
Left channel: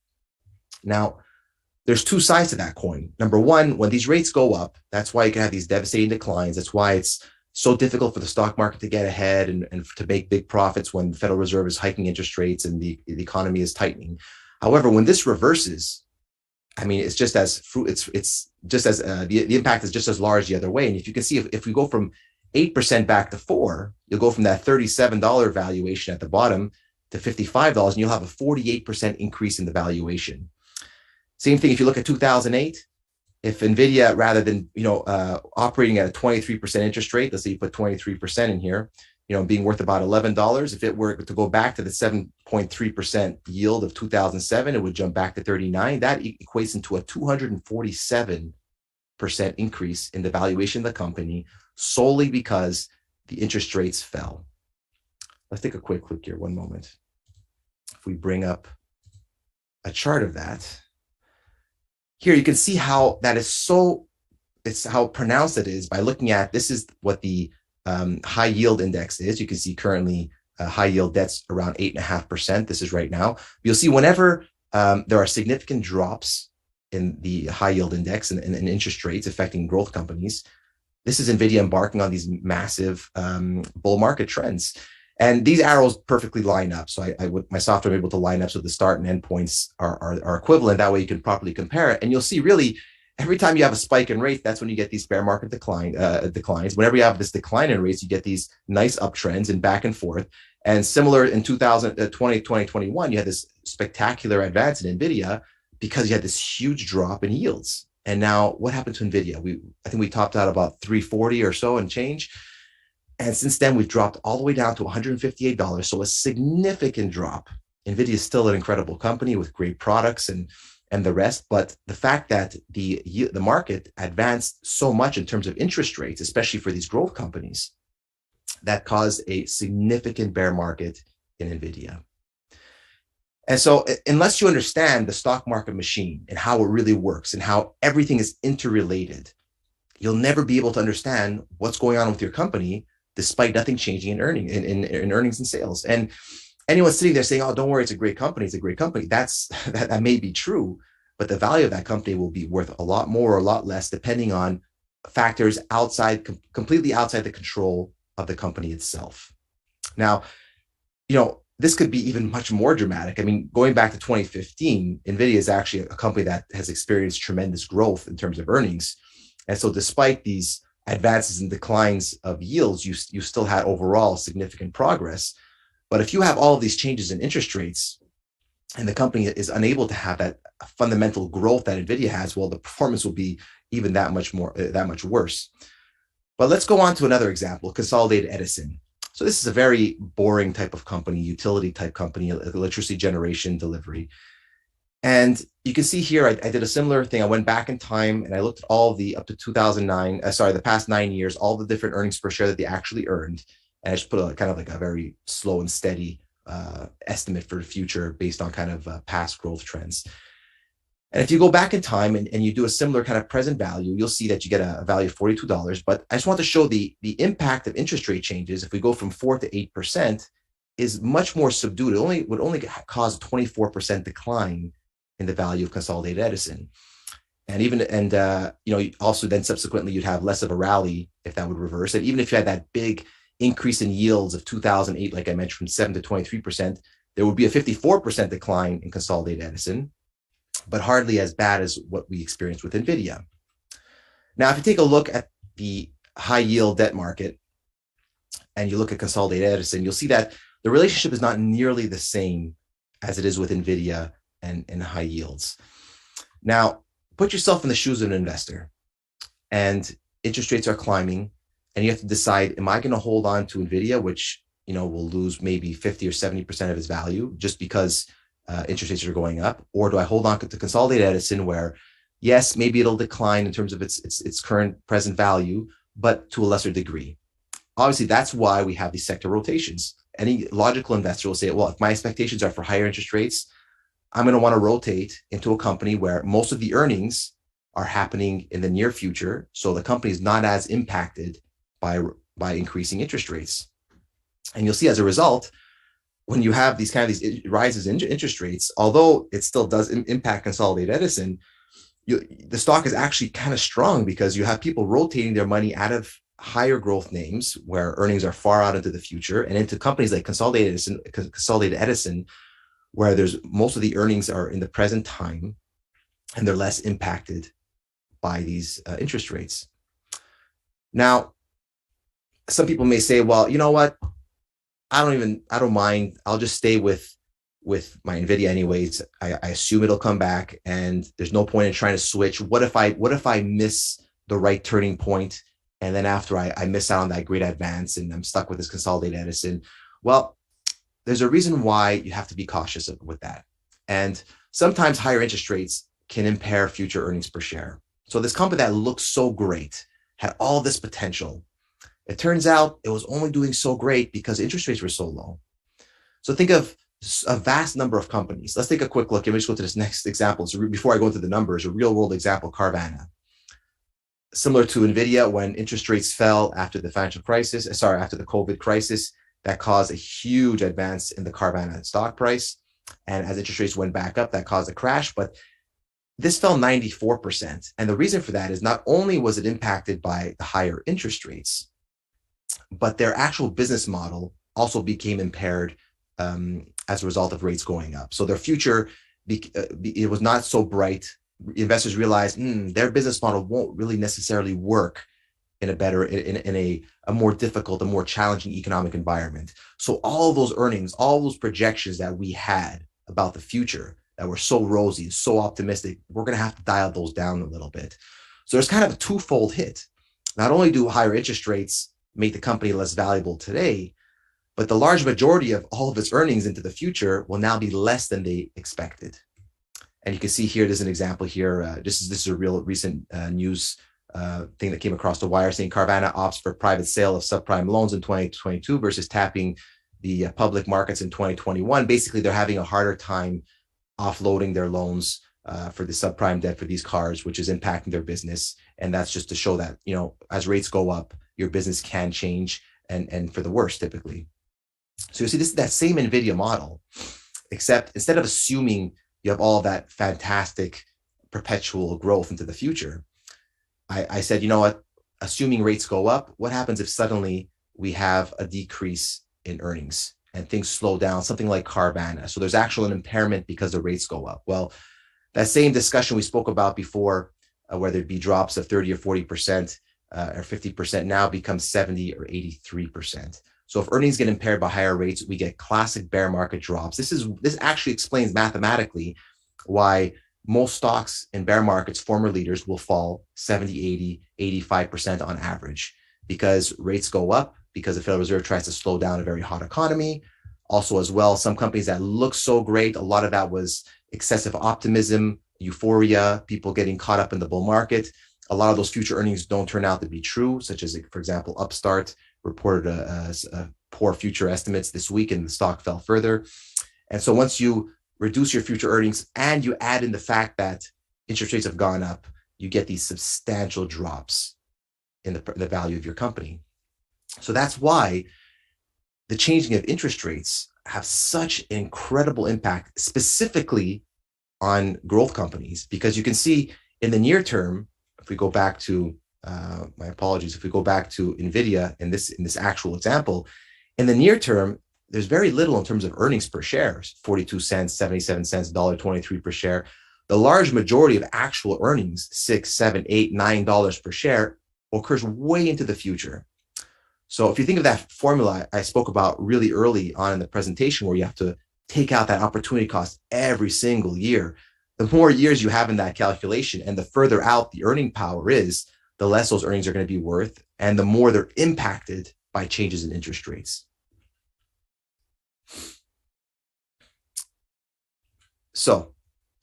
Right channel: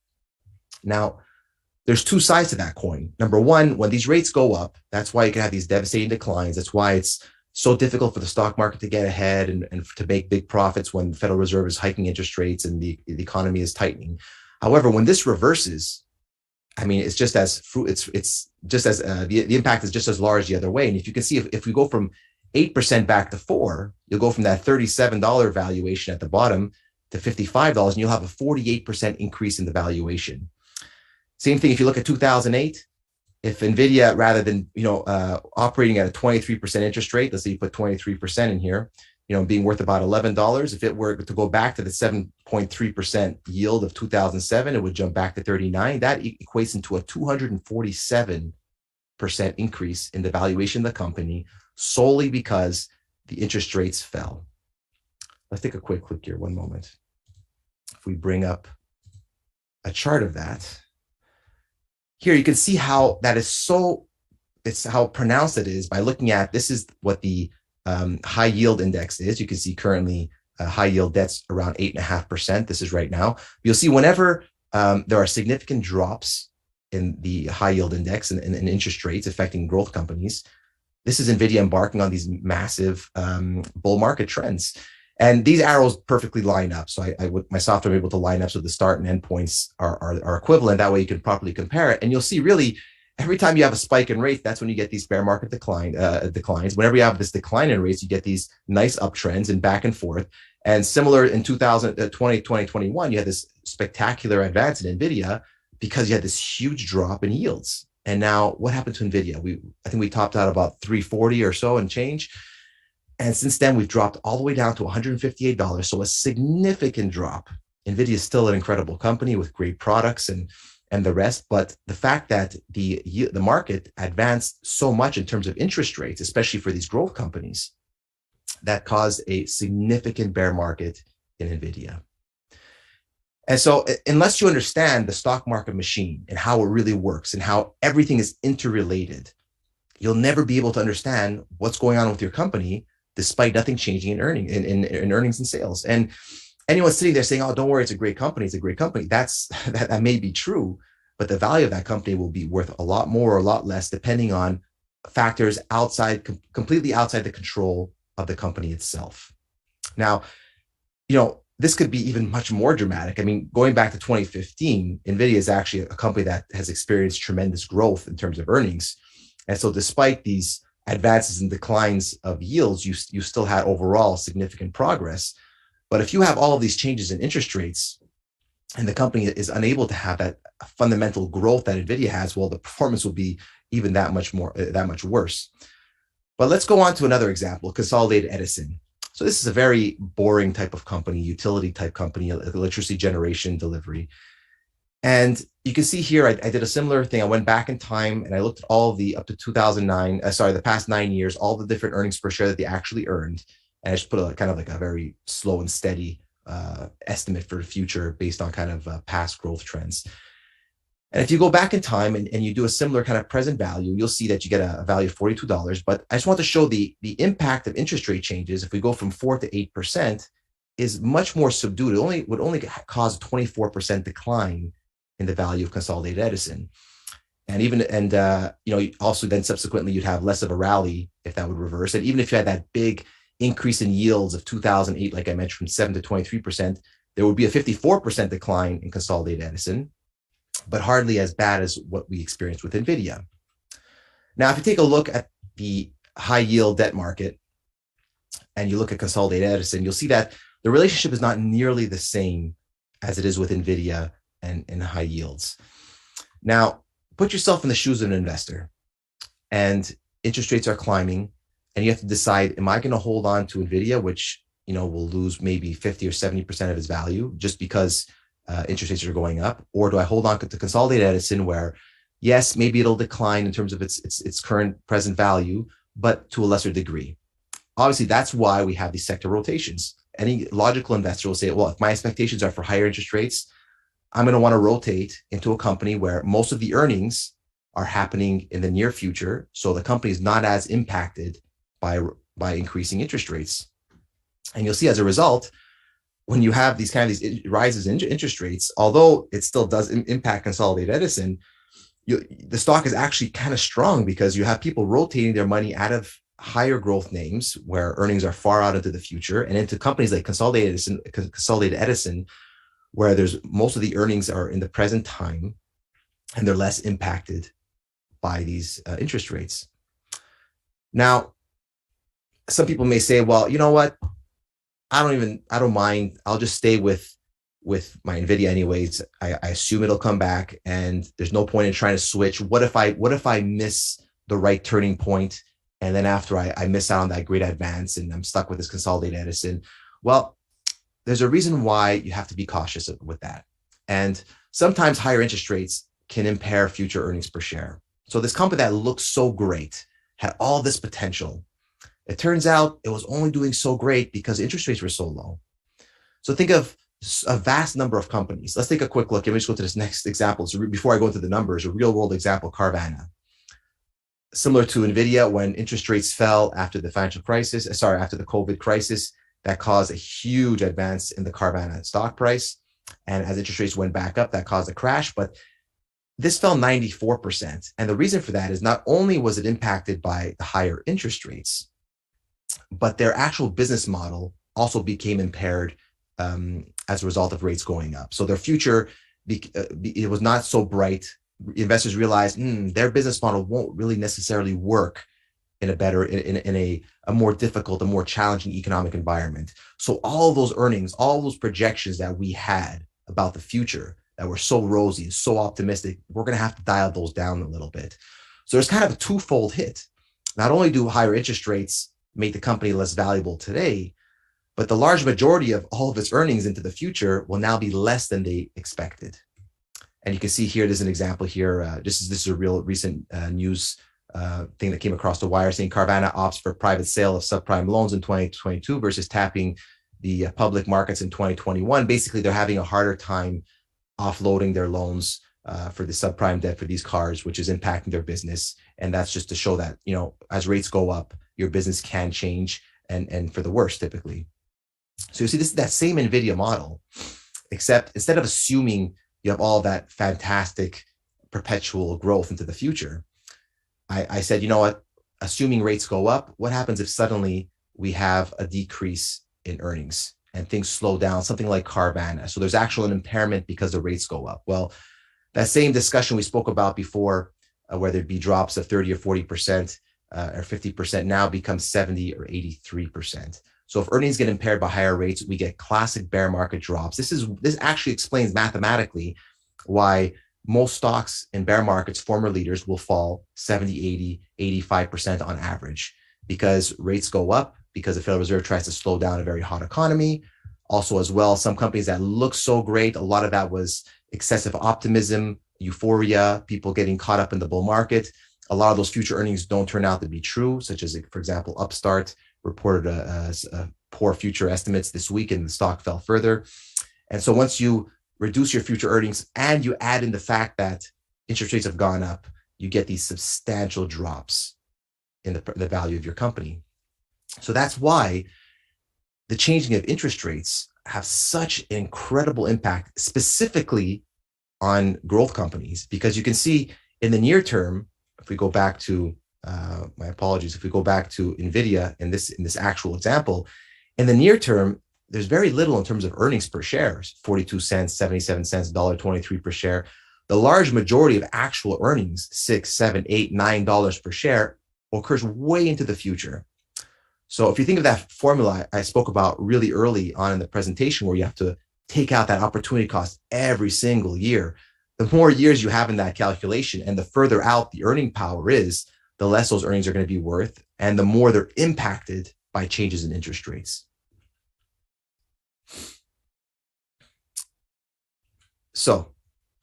Now, there's two sides to that coin. Number one, when these rates go up, that's why you can have these devastating declines. That's why it's so difficult for the stock market to get ahead and to make big profits when the Federal Reserve is hiking interest rates and the economy is tightening. However, when this reverses, I mean, it's just as the impact is just as large the other way. And if you can see, if we go from 8% back to 4%, you'll go from that $37 valuation at the bottom to $55, and you'll have a 48% increase in the valuation. Same thing if you look at 2008. If NVIDIA, rather than operating at a 23% interest rate, let's say you put 23% in here, being worth about $11, if it were to go back to the 7.3% yield of 2007, it would jump back to 39. That equates into a 247% increase in the valuation of the company, solely because the interest rates fell. Let's take a quick look here, one moment. If we bring up a chart of that, here you can see how that is it's how pronounced it is by looking at, this is what the high yield index is. You can see currently high yield debt's around 8.5%. This is right now. You'll see whenever there are significant drops in the high yield index and interest rates affecting growth companies, this is NVIDIA embarking on these massive bull market trends. And these arrows perfectly line up. So my software I'm able to line up so the start and end points are equivalent. That way you can properly compare it. And you'll see really every time you have a spike in rates, that's when you get these bear market declines. Whenever you have this decline in rates, you get these nice uptrends and back and forth. And similar in 2021, you had this spectacular advance in NVIDIA because you had this huge drop in yields. And now what happened to NVIDIA? I think we topped out about 340 or so and change. And since then, we've dropped all the way down to $158. So a significant drop. NVIDIA is still an incredible company with great products and the rest. But the fact that the market advanced so much in terms of interest rates, especially for these growth companies, that caused a significant bear market in NVIDIA. And so unless you understand the stock market machine and how it really works and how everything is interrelated, you'll never be able to understand what's going on with your company, despite nothing changing in earnings and sales. And anyone sitting there saying, oh, don't worry, it's a great company, it's a great company. That may be true, but the value of that company will be worth a lot more or a lot less, depending on factors completely outside the control of the company itself. Now, this could be even much more dramatic. I mean, going back to 2015, NVIDIA is actually a company that has experienced tremendous growth in terms of earnings. And so despite these advances and declines of yields, you still had overall significant progress. But if you have all of these changes in interest rates and the company is unable to have that fundamental growth that NVIDIA has, well, the performance will be even that much worse. But let's go on to another example, Consolidated Edison. So this is a very boring type of company, utility type company, electricity generation delivery. And you can see here, I did a similar thing. I went back in time and I looked at all up to 2009, the past 9 years, all the different earnings per share that they actually earned. And I just put a kind of like a very slow and steady estimate for the future based on kind of past growth trends. And if you go back in time and you do a similar kind of present value, you'll see that you get a value of $42. But I just want to show the impact of interest rate changes. If we go from 4 to 8%, is much more subdued. It would only cause a 24% decline in the value of Consolidated Edison. Also then subsequently you'd have less of a rally if that would reverse. And even if you had that big increase in yields of 2008, like I mentioned, from 7 to 23%, there would be a 54% decline in Consolidated Edison, but hardly as bad as what we experienced with NVIDIA. Now, if you take a look at the high yield debt market and you look at Consolidated Edison, you'll see that the relationship is not nearly the same as it is with NVIDIA and high yields. Now, put yourself in the shoes of an investor and interest rates are climbing and you have to decide, am I going to hold on to NVIDIA, which will lose maybe 50 or 70% of its value just because interest rates are going up, or do I hold on to Consolidated Edison, where yes, maybe it'll decline in terms of its current present value, but to a lesser degree. Obviously, that's why we have these sector rotations. Any logical investor will say, well, if my expectations are for higher interest rates, I'm going to want to rotate into a company where most of the earnings are happening in the near future, so the company is not as impacted by increasing interest rates. And you'll see as a result, when you have these rises in interest rates, although it still does impact Consolidated Edison, the stock is actually kind of strong because you have people rotating their money out of higher growth names where earnings are far out into the future and into companies like Consolidated Edison, where there's most of the earnings are in the present time and they're less impacted by these interest rates. Now, some people may say, well, you know what? I don't mind. I'll just stay with my NVIDIA anyways. I assume it'll come back and there's no point in trying to switch. What if I miss the right turning point? And then after I miss out on that great advance and I'm stuck with this Consolidated Edison. Well, there's a reason why you have to be cautious with that. And sometimes higher interest rates can impair future earnings per share. So this company that looked so great, had all this potential, it turns out it was only doing so great because interest rates were so low. So think of a vast number of companies. Let's take a quick look. Let me just go to this next example. So before I go into the numbers, a real world example, Carvana. Similar to NVIDIA, when interest rates fell after the after the COVID crisis, that caused a huge advance in the Carvana stock price. And as interest rates went back up, that caused a crash. But this fell 94%. And the reason for that is not only was it impacted by the higher interest rates, but their actual business model also became impaired as a result of rates going up. So their future, it was not so bright. Investors realized their business model won't really necessarily work in a more difficult, a more challenging economic environment. So all those earnings, all those projections that we had about the future, that were so rosy, so optimistic, we're going to have to dial those down a little bit. So there's kind of a twofold hit. Not only do higher interest rates make the company less valuable today, but the large majority of all of its earnings into the future will now be less than they expected. And you can see here, there's an example here. This is a real recent news thing that came across the wire saying Carvana opts for private sale of subprime loans in 2022 versus tapping the public markets in 2021. Basically, they're having a harder time offloading their loans for the subprime debt for these cars, which is impacting their business. And that's just to show that, you know, as rates go up, your business can change and for the worse typically. So you see, this is that same NVIDIA model, except instead of assuming you have all that fantastic perpetual growth into the future, I said, you know what, assuming rates go up, what happens if suddenly we have a decrease in earnings and things slow down, something like Carvana? So there's actual an impairment because the rates go up. Well, that same discussion we spoke about before, whether it be drops of 30 or 40% or 50% now becomes 70 or 83%. So if earnings get impaired by higher rates, we get classic bear market drops. This actually explains mathematically why most stocks in bear markets, former leaders, will fall 70, 80, 85% on average, because rates go up, because the Federal Reserve tries to slow down a very hot economy. Also, as well, some companies that look so great, a lot of that was excessive optimism, euphoria, people getting caught up in the bull market. A lot of those future earnings don't turn out to be true, such as, for example, Upstart reported a poor future estimates this week and the stock fell further. And so once you reduce your future earnings and you add in the fact that interest rates have gone up, you get these substantial drops in the value of your company. So that's why the changing of interest rates have such an incredible impact, specifically on growth companies, because you can see in the near term, if we go back to, my apologies, if we go back to NVIDIA in this actual example, in the near term, there's very little in terms of earnings per share, 42 cents, 77 cents, $1.23 per share. The large majority of actual earnings, $6, $7, $8, $9 per share, occurs way into the future. So if you think of that formula I spoke about really early on in the presentation, where you have to take out that opportunity cost every single year, the more years you have in that calculation and the further out the earning power is, the less those earnings are going to be worth and the more they're impacted by changes in interest rates. So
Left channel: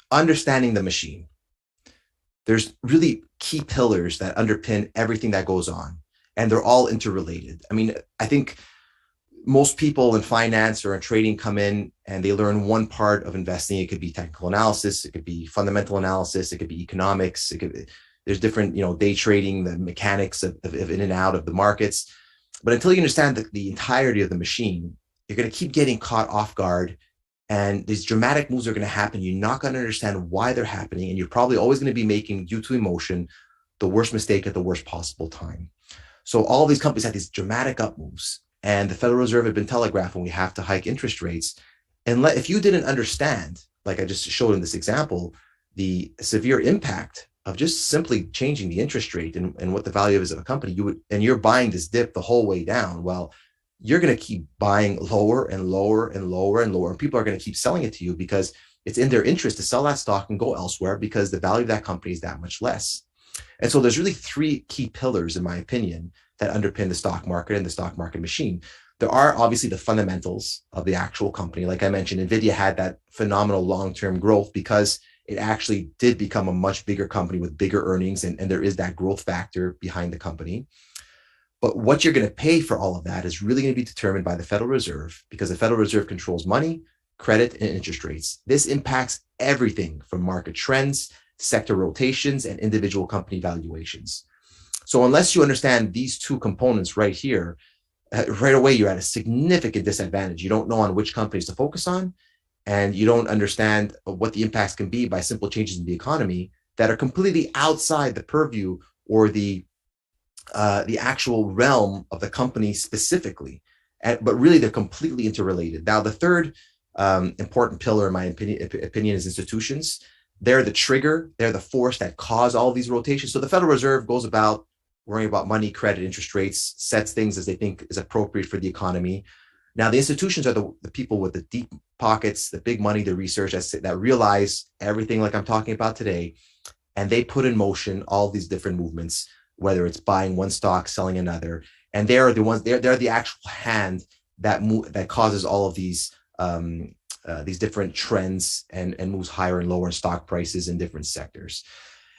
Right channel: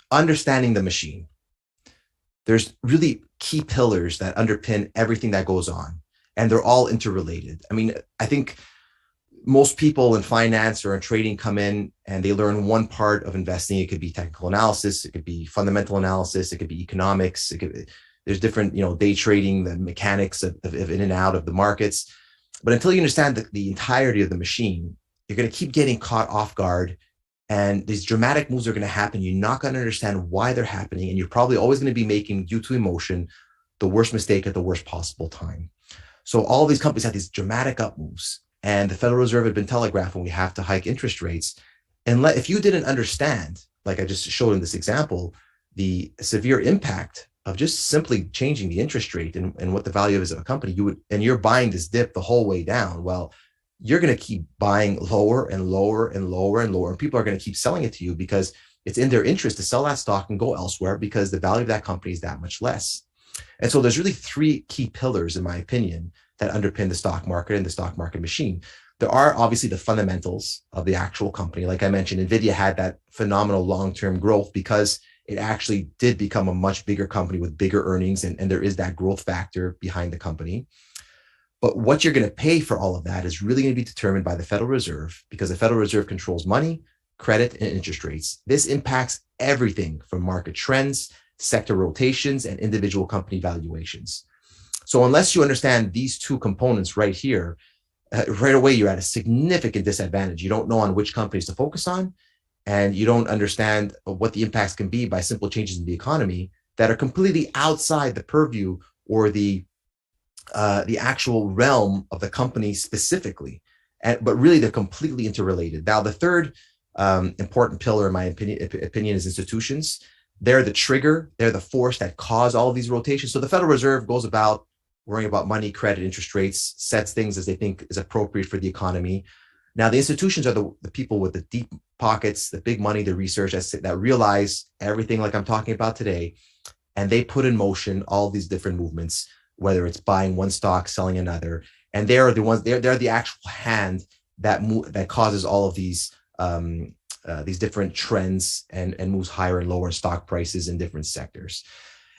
understanding the machine, there's really key pillars that underpin everything that goes on, and they're all interrelated. I mean, I think most people in finance or in trading come in and they learn one part of investing. It could be technical analysis, it could be fundamental analysis, it could be economics, there's different, day trading, the mechanics of in and out of the markets. But until you understand the entirety of the machine, you're going to keep getting caught off guard, and these dramatic moves are going to happen. You're not going to understand why they're happening, and you're probably always going to be making, due to emotion, the worst mistake at the worst possible time. So all of these companies had these dramatic up moves, and the Federal Reserve had been telegraphing we have to hike interest rates. And if you didn't understand, like I just showed in this example, the severe impact of just simply changing the interest rate and what the value is of a company, and you're buying this dip the whole way down, well, you're going to keep buying lower and lower and lower and lower, and people are going to keep selling it to you because it's in their interest to sell that stock and go elsewhere because the value of that company is that much less. And so there's really three key pillars, in my opinion, that underpin the stock market and the stock market machine. There are obviously the fundamentals of the actual company. Like I mentioned, NVIDIA had that phenomenal long-term growth because it actually did become a much bigger company with bigger earnings, and there is that growth factor behind the company. But what you're going to pay for all of that is really going to be determined by the Federal Reserve, because the Federal Reserve controls money, credit, and interest rates. This impacts everything from market trends, sector rotations, and individual company valuations. So unless you understand these two components right here, right away, you're at a significant disadvantage. You don't know on which companies to focus on, and you don't understand what the impacts can be by simple changes in the economy that are completely outside the purview or the actual realm of the company specifically. But really, they're completely interrelated. Now, the third important pillar, in my opinion, is institutions. They're the trigger. They're the force that cause all of these rotations. So the Federal Reserve goes about worrying about money, credit, interest rates, sets things as they think is appropriate for the economy. Now, the institutions are the people with the deep pockets, the big money, the research that realize everything like I'm talking about today. And they put in motion all these different movements, whether it's buying one stock, selling another. And they're the ones, they're the actual hand that causes all of these different trends and moves higher and lower in stock prices in different sectors.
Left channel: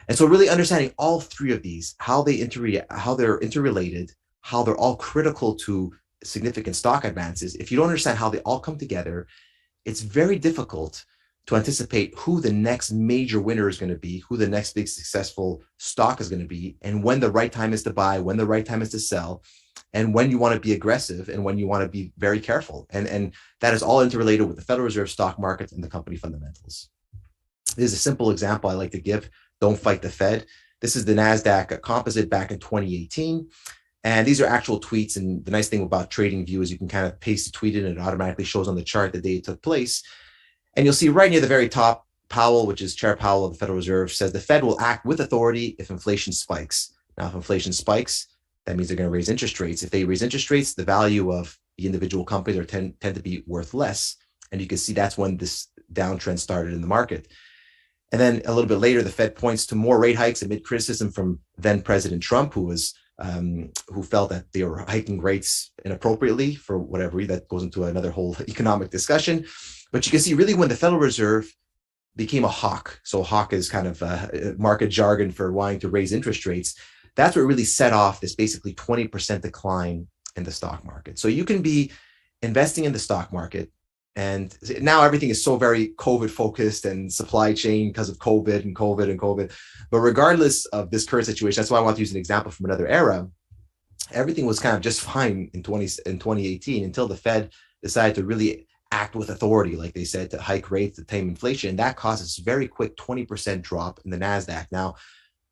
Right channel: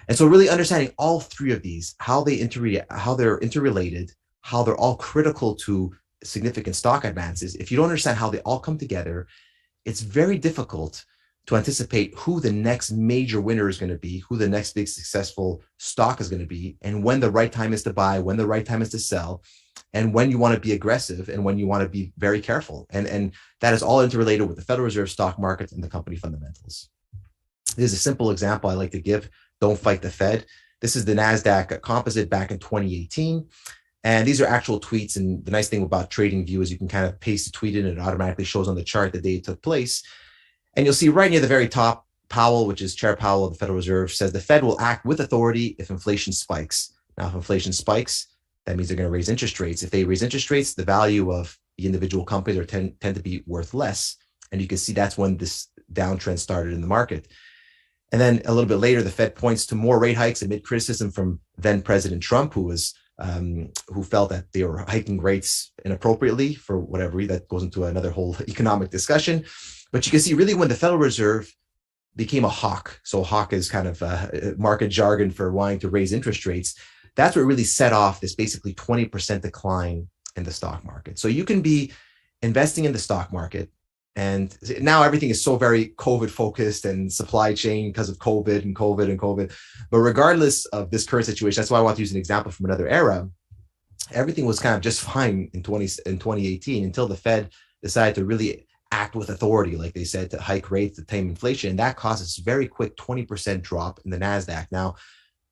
And so really understanding all three of these, how they're interrelated, how they're all critical to significant stock advances. If you don't understand how they all come together, it's very difficult to anticipate who the next major winner is going to be, who the next big successful stock is going to be, and when the right time is to buy, when the right time is to sell, and when you want to be aggressive and when you want to be very careful. And that is all interrelated with the Federal Reserve, stock markets, and the company fundamentals. This is a simple example I like to give. Don't fight the Fed. This is the NASDAQ composite back in 2018. And these are actual tweets. And the nice thing about TradingView is you can kind of paste a tweet in and it automatically shows on the chart the day it took place. And you'll see right near the very top, Powell, which is Chair Powell of the Federal Reserve, says the Fed will act with authority if inflation spikes. Now, if inflation spikes, that means they're going to raise interest rates. If they raise interest rates, the value of the individual companies tend to be worth less. And you can see that's when this downtrend started in the market. And then a little bit later, the Fed points to more rate hikes amid criticism from then President Trump, who felt that they were hiking rates inappropriately for whatever reason. That goes into another whole economic discussion. But you can see really when the Federal Reserve became a hawk, so hawk is kind of market jargon for wanting to raise interest rates, that's what really set off this basically 20% decline in the stock market. So you can be investing in the stock market, and now everything is so very COVID focused and supply chain because of COVID. But regardless of this current situation, that's why I want to use an example from another era. Everything was kind of just fine in 2018 until the Fed decided to really act with authority, like they said, to hike rates to tame inflation. And that caused this very quick 20% drop in the NASDAQ. Now,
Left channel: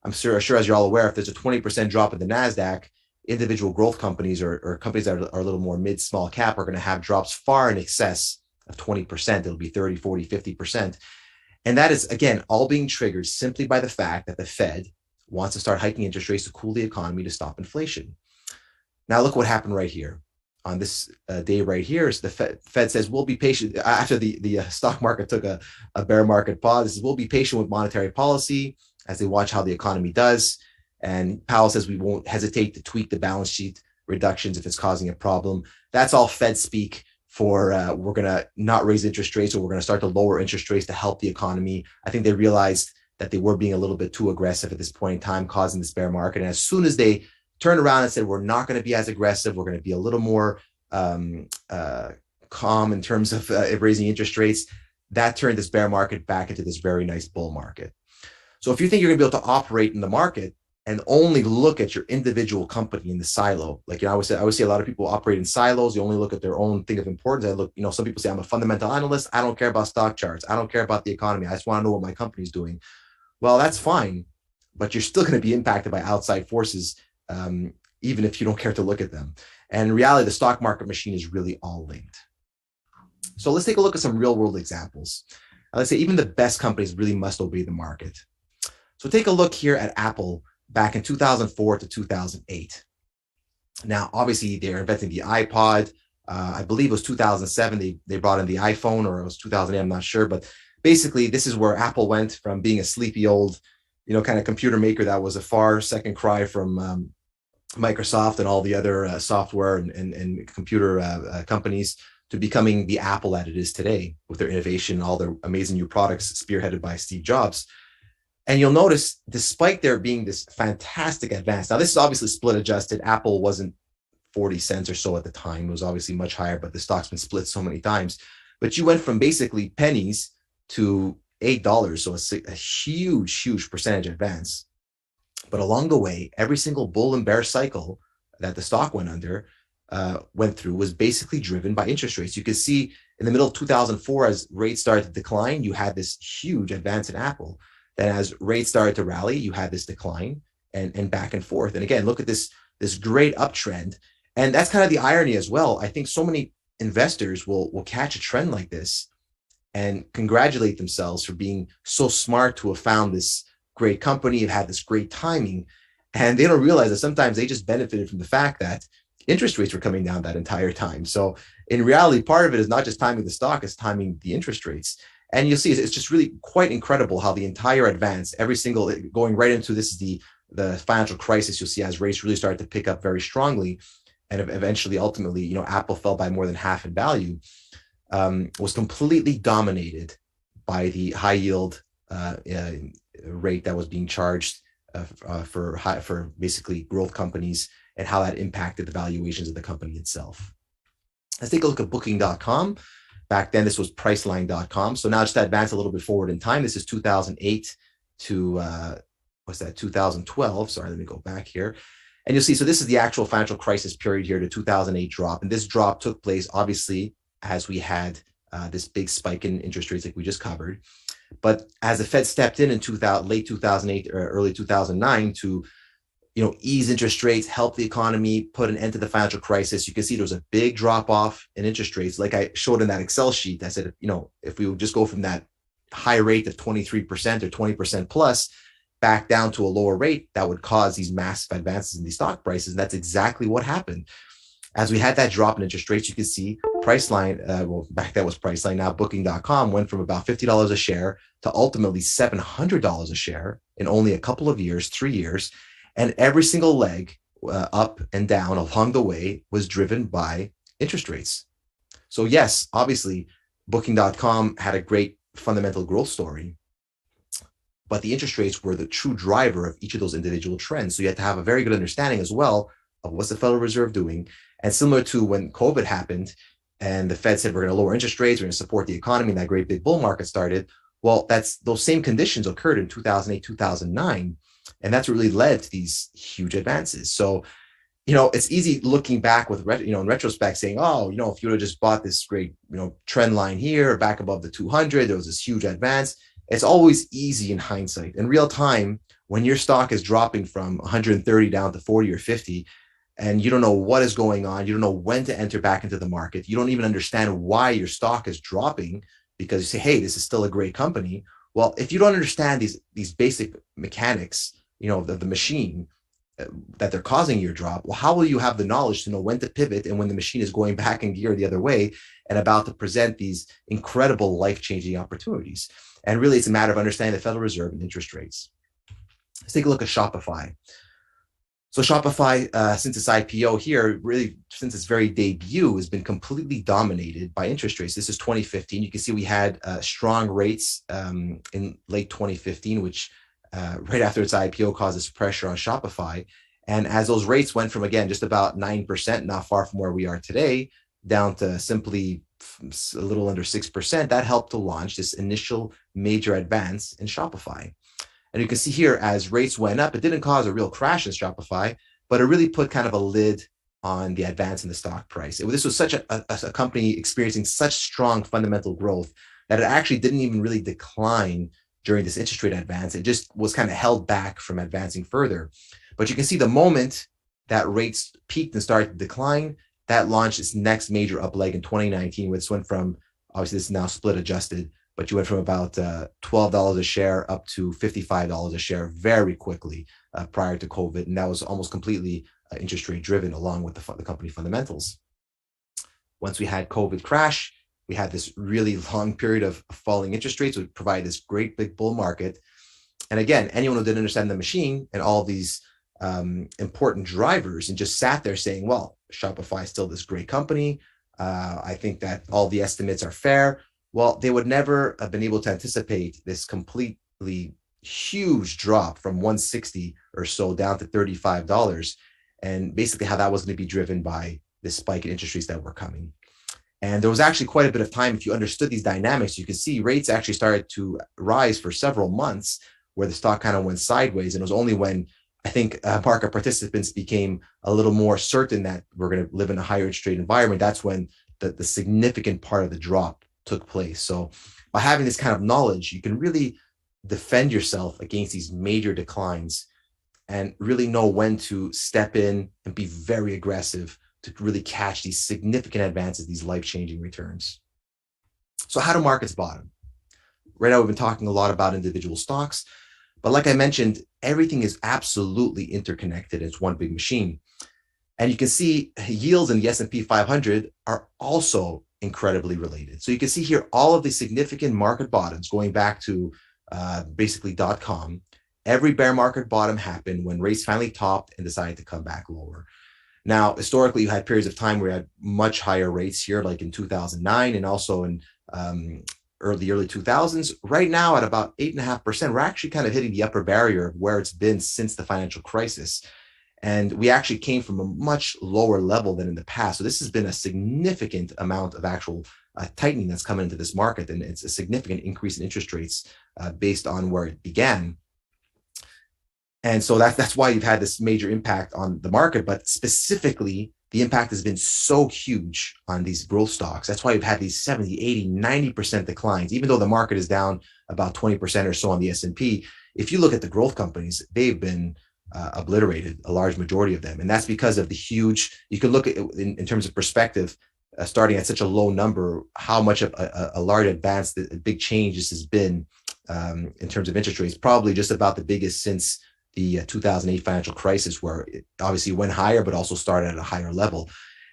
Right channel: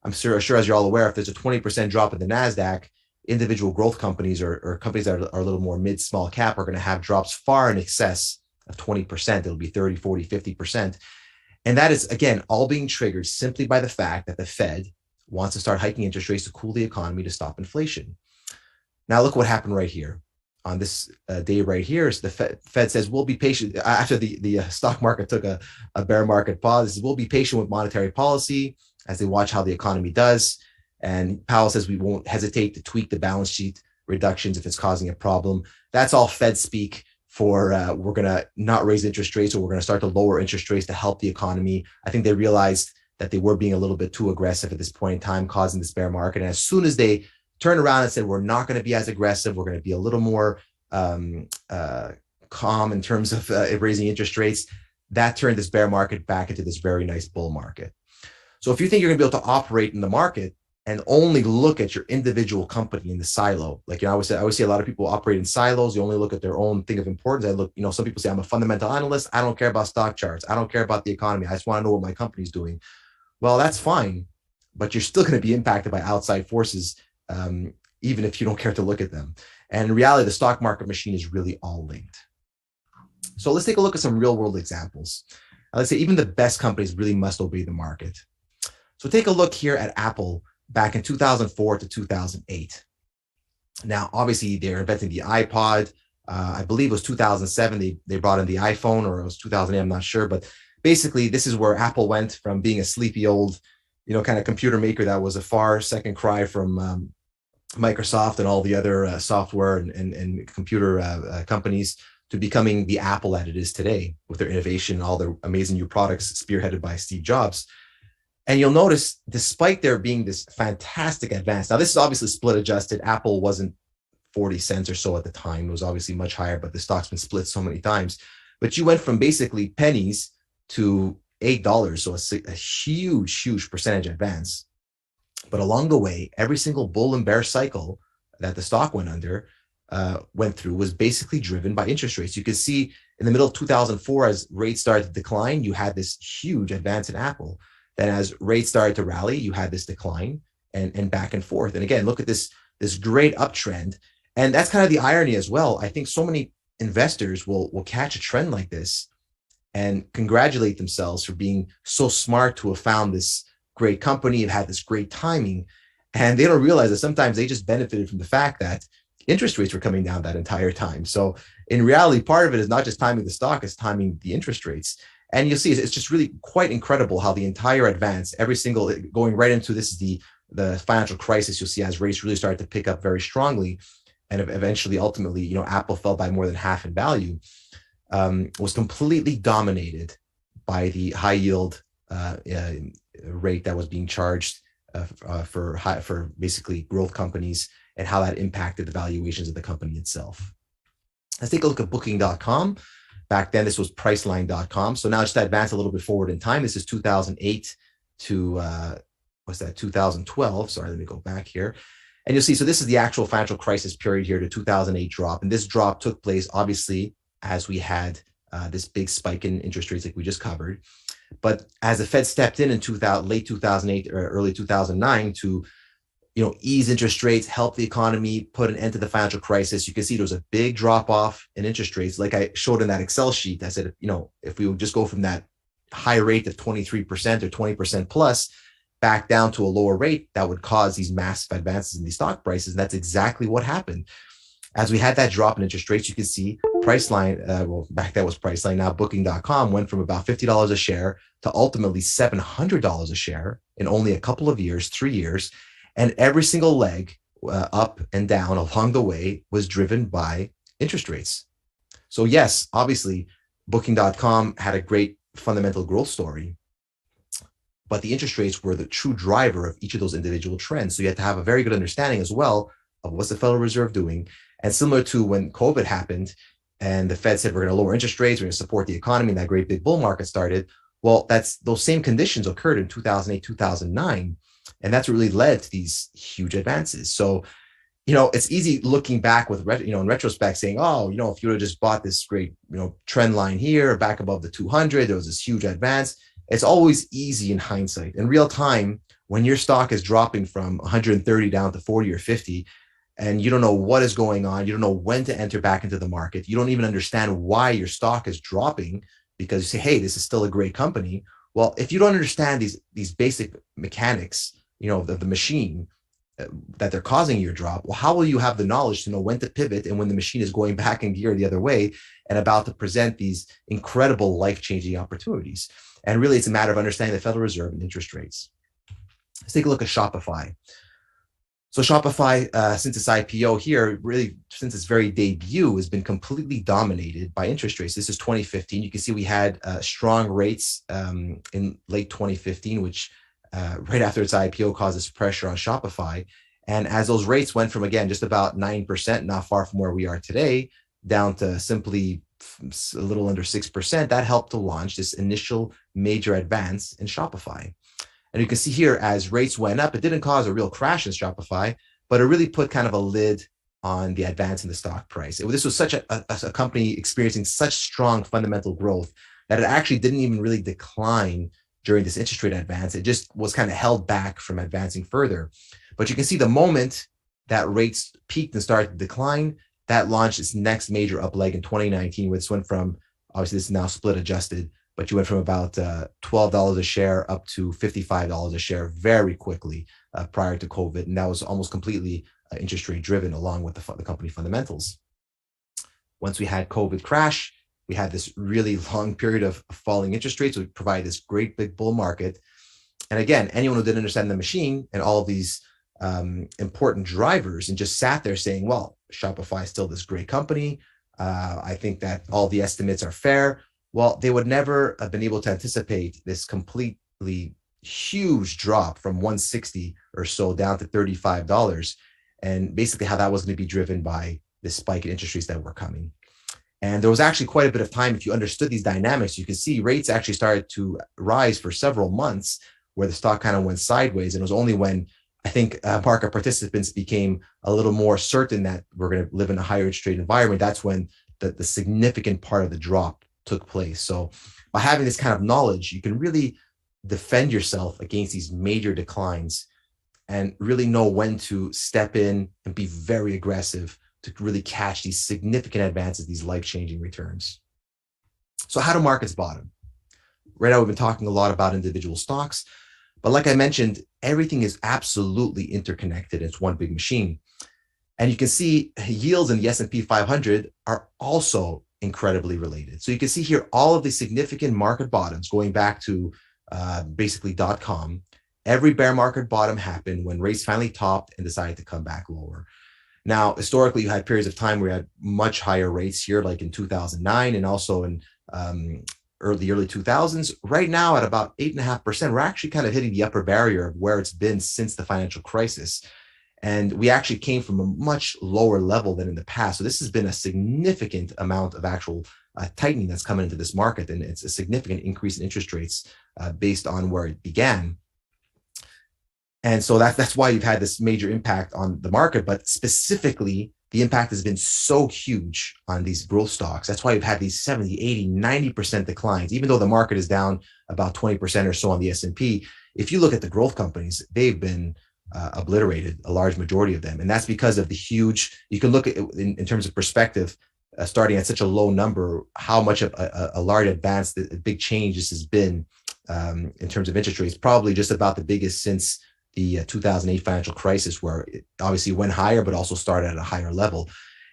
I'm sure as you're all aware, if there's a 20% drop in the NASDAQ, individual growth companies or companies that are a little more mid-small cap are going to have drops far in excess of 20%. It'll be 30, 40, 50%. And that is, again, all being triggered simply by the fact that the Fed wants to start hiking interest rates to cool the economy to stop inflation. Now, look what happened right here. On this day right here, is the Fed says we'll be patient after the stock market took a bear market pause. We'll be patient with monetary policy as they watch how the economy does. And Powell says we won't hesitate to tweak the balance sheet reductions if it's causing a problem. That's all Fed speak for we're going to not raise interest rates, or we're going to start to lower interest rates to help the economy. I think they realized that they were being a little bit too aggressive at this point in time, causing this bear market. And as soon as they turned around and said, we're not going to be as aggressive, we're going to be a little more calm in terms of raising interest rates, that turned this bear market back into this very nice bull market. So if you think you're going to be able to operate in the market and only look at your individual company in the silo, like, I always see a lot of people operate in silos. You only look at their own thing of importance. Some people say, I'm a fundamental analyst. I don't care about stock charts. I don't care about the economy. I just want to know what my company's doing. Well, that's fine, but you're still going to be impacted by outside forces, even if you don't care to look at them. And in reality, the stock market machine is really all linked. So let's take a look at some real world examples. Let's say even the best companies really must obey the market. So take a look here at Apple back in 2004 to 2008. Now, obviously, they're inventing the iPod. I believe it was 2007. They brought in the iPhone, or it was 2008. I'm not sure. But basically, this is where Apple went from being a sleepy old, kind of computer maker that was a far second cry from Microsoft and all the other software and computer companies to becoming the Apple that it is today with their innovation and all their amazing new products spearheaded by Steve Jobs. And you'll notice, despite there being this fantastic advance, now this is obviously split adjusted. Apple wasn't 40 cents or so at the time. It was obviously much higher, but the stock's been split so many times. But you went from basically pennies to $8. So a huge, huge percentage advance. But along the way, every single bull and bear cycle that the stock went through was basically driven by interest rates. You could see in the middle of 2004, as rates started to decline, you had this huge advance in Apple. Then as rates started to rally, you had this decline and back and forth. And again, look at this great uptrend. And that's kind of the irony as well. I think so many investors will catch a trend like this and congratulate themselves for being so smart to have found this great company and had this great timing. And they don't realize that sometimes they just benefited from the fact that interest rates were coming down that entire time. So in reality, part of it is not just timing the stock, it's timing the interest rates. And you'll see it's just really quite incredible how the entire advance, every single, going right into this is the financial crisis, you'll see as rates really started to pick up very strongly. And eventually, ultimately, you know, Apple fell by more than half in value, was completely dominated by the high yield rate that was being charged for basically growth companies, and how that impacted the valuations of the company itself. Let's take a look at booking.com. Back then, this was priceline.com. So now just to advance a little bit forward in time, this is 2008 to, 2012. Sorry, let me go back here. And you'll see, so this is the actual financial crisis period here, the 2008 drop. And this drop took place, obviously, as we had this big spike in interest rates like we just covered. But as the Fed stepped in late 2008 or early 2009 to, you know, ease interest rates, help the economy, put an end to the financial crisis, you can see there was a big drop off in interest rates. Like I showed in that Excel sheet, I said, you know, if we would just go from that high rate of 23% or 20% plus back down to a lower rate, that would cause these massive advances in these stock prices. And that's exactly what happened. As we had that drop in interest rates, you can see Priceline, well, back then was Priceline, now Booking.com went from about $50 a share to ultimately $700 a share in only a couple of years, 3 years. And every single leg up and down along the way was driven by interest rates. So yes, obviously, Booking.com had a great fundamental growth story, but the interest rates were the true driver of each of those individual trends. So you have to have a very good understanding as well of what's the Federal Reserve doing. And similar to when COVID happened and the Fed said, we're going to lower interest rates, we're going to support the economy, and that great big bull market started. Well, those same conditions occurred in 2008, 2009. And that's what really led to these huge advances. So, you know, it's easy looking back with, in retrospect saying, oh, you know, if you would have just bought this great, you know, trend line here back above the 200, there was this huge advance. It's always easy in hindsight. In real time, when your stock is dropping from 130 down to 40 or 50, and you don't know what is going on, you don't know when to enter back into the market, you don't even understand why your stock is dropping, because you say, hey, this is still a great company. Well, if you don't understand these basic mechanics, you know, of the machine that they're causing your drop, well, how will you have the knowledge to know when to pivot and when the machine is going back in gear the other way and about to present these incredible life-changing opportunities? And really, it's a matter of understanding the Federal Reserve and interest rates. Let's take a look at Shopify. So Shopify, since its IPO here, really since its very debut, has been completely dominated by interest rates. This is 2015. You can see we had strong rates in late 2015, which right after its IPO causes pressure on Shopify. And as those rates went from, again, just about 9%, not far from where we are today, down to simply a little under 6%, that helped to launch this initial major advance in Shopify. And you can see here, as rates went up, it didn't cause a real crash in Shopify, but it really put kind of a lid on the advance in the stock price. This was such a company experiencing such strong fundamental growth that it actually didn't even really decline during this interest rate advance. It just was kind of held back from advancing further. But you can see the moment that rates peaked and started to decline, that launched its next major up leg in 2019, which went from, obviously this is now split adjusted, but you went from about $12 a share up to $55 a share very quickly prior to COVID. And that was almost completely interest rate driven along with the company fundamentals. Once we had COVID crash, we had this really long period of falling interest rates, which provide this great big bull market. And again, anyone who didn't understand the machine and all these important drivers and just sat there saying, well, Shopify is still this great company. I think that all the estimates are fair. Well, they would never have been able to anticipate this completely huge drop from 160 or so down to $35, and basically how that was going to be driven by this spike in interest rates that were coming. And there was actually quite a bit of time, if you understood these dynamics, you could see rates actually started to rise for several months where the stock kind of went sideways. And it was only when I think market participants became a little more certain that we're going to live in a higher interest rate environment, that's when the significant part of the drop took place. So by having this kind of knowledge, you can really defend yourself against these major declines and really know when to step in and be very aggressive to really catch these significant advances, these life-changing returns. So how do markets bottom? Right now, we've been talking a lot about individual stocks, but like I mentioned, everything is absolutely interconnected. It's one big machine. And you can see yields in the S&P 500 are also incredibly related. So you can see here all of the significant market bottoms going back to basically .com. Every bear market bottom happened when rates finally topped and decided to come back lower. Now, historically, you had periods of time where you had much higher rates here, like in 2009 and also in early 2000s. Right now, at about 8.5%, we're actually kind of hitting the upper barrier of where it's been since the financial crisis. And we actually came from a much lower level than in the past. So this has been a significant amount of actual tightening that's coming into this market. And it's a significant increase in interest rates based on where it began. And so that's why you've had this major impact on the market. But specifically, the impact has been so huge on these growth stocks. That's why you've had these 70, 80, 90% declines, even though the market is down about 20% or so on the S&P. If you look at the growth companies, they've been obliterated, a large majority of them. And that's because of the huge, you can look at it in terms of perspective, starting at such a low number, how much of a large advance, a big change this has been in terms of interest rates, probably just about the biggest since the 2008 financial crisis, where it obviously went higher, but also started at a higher level.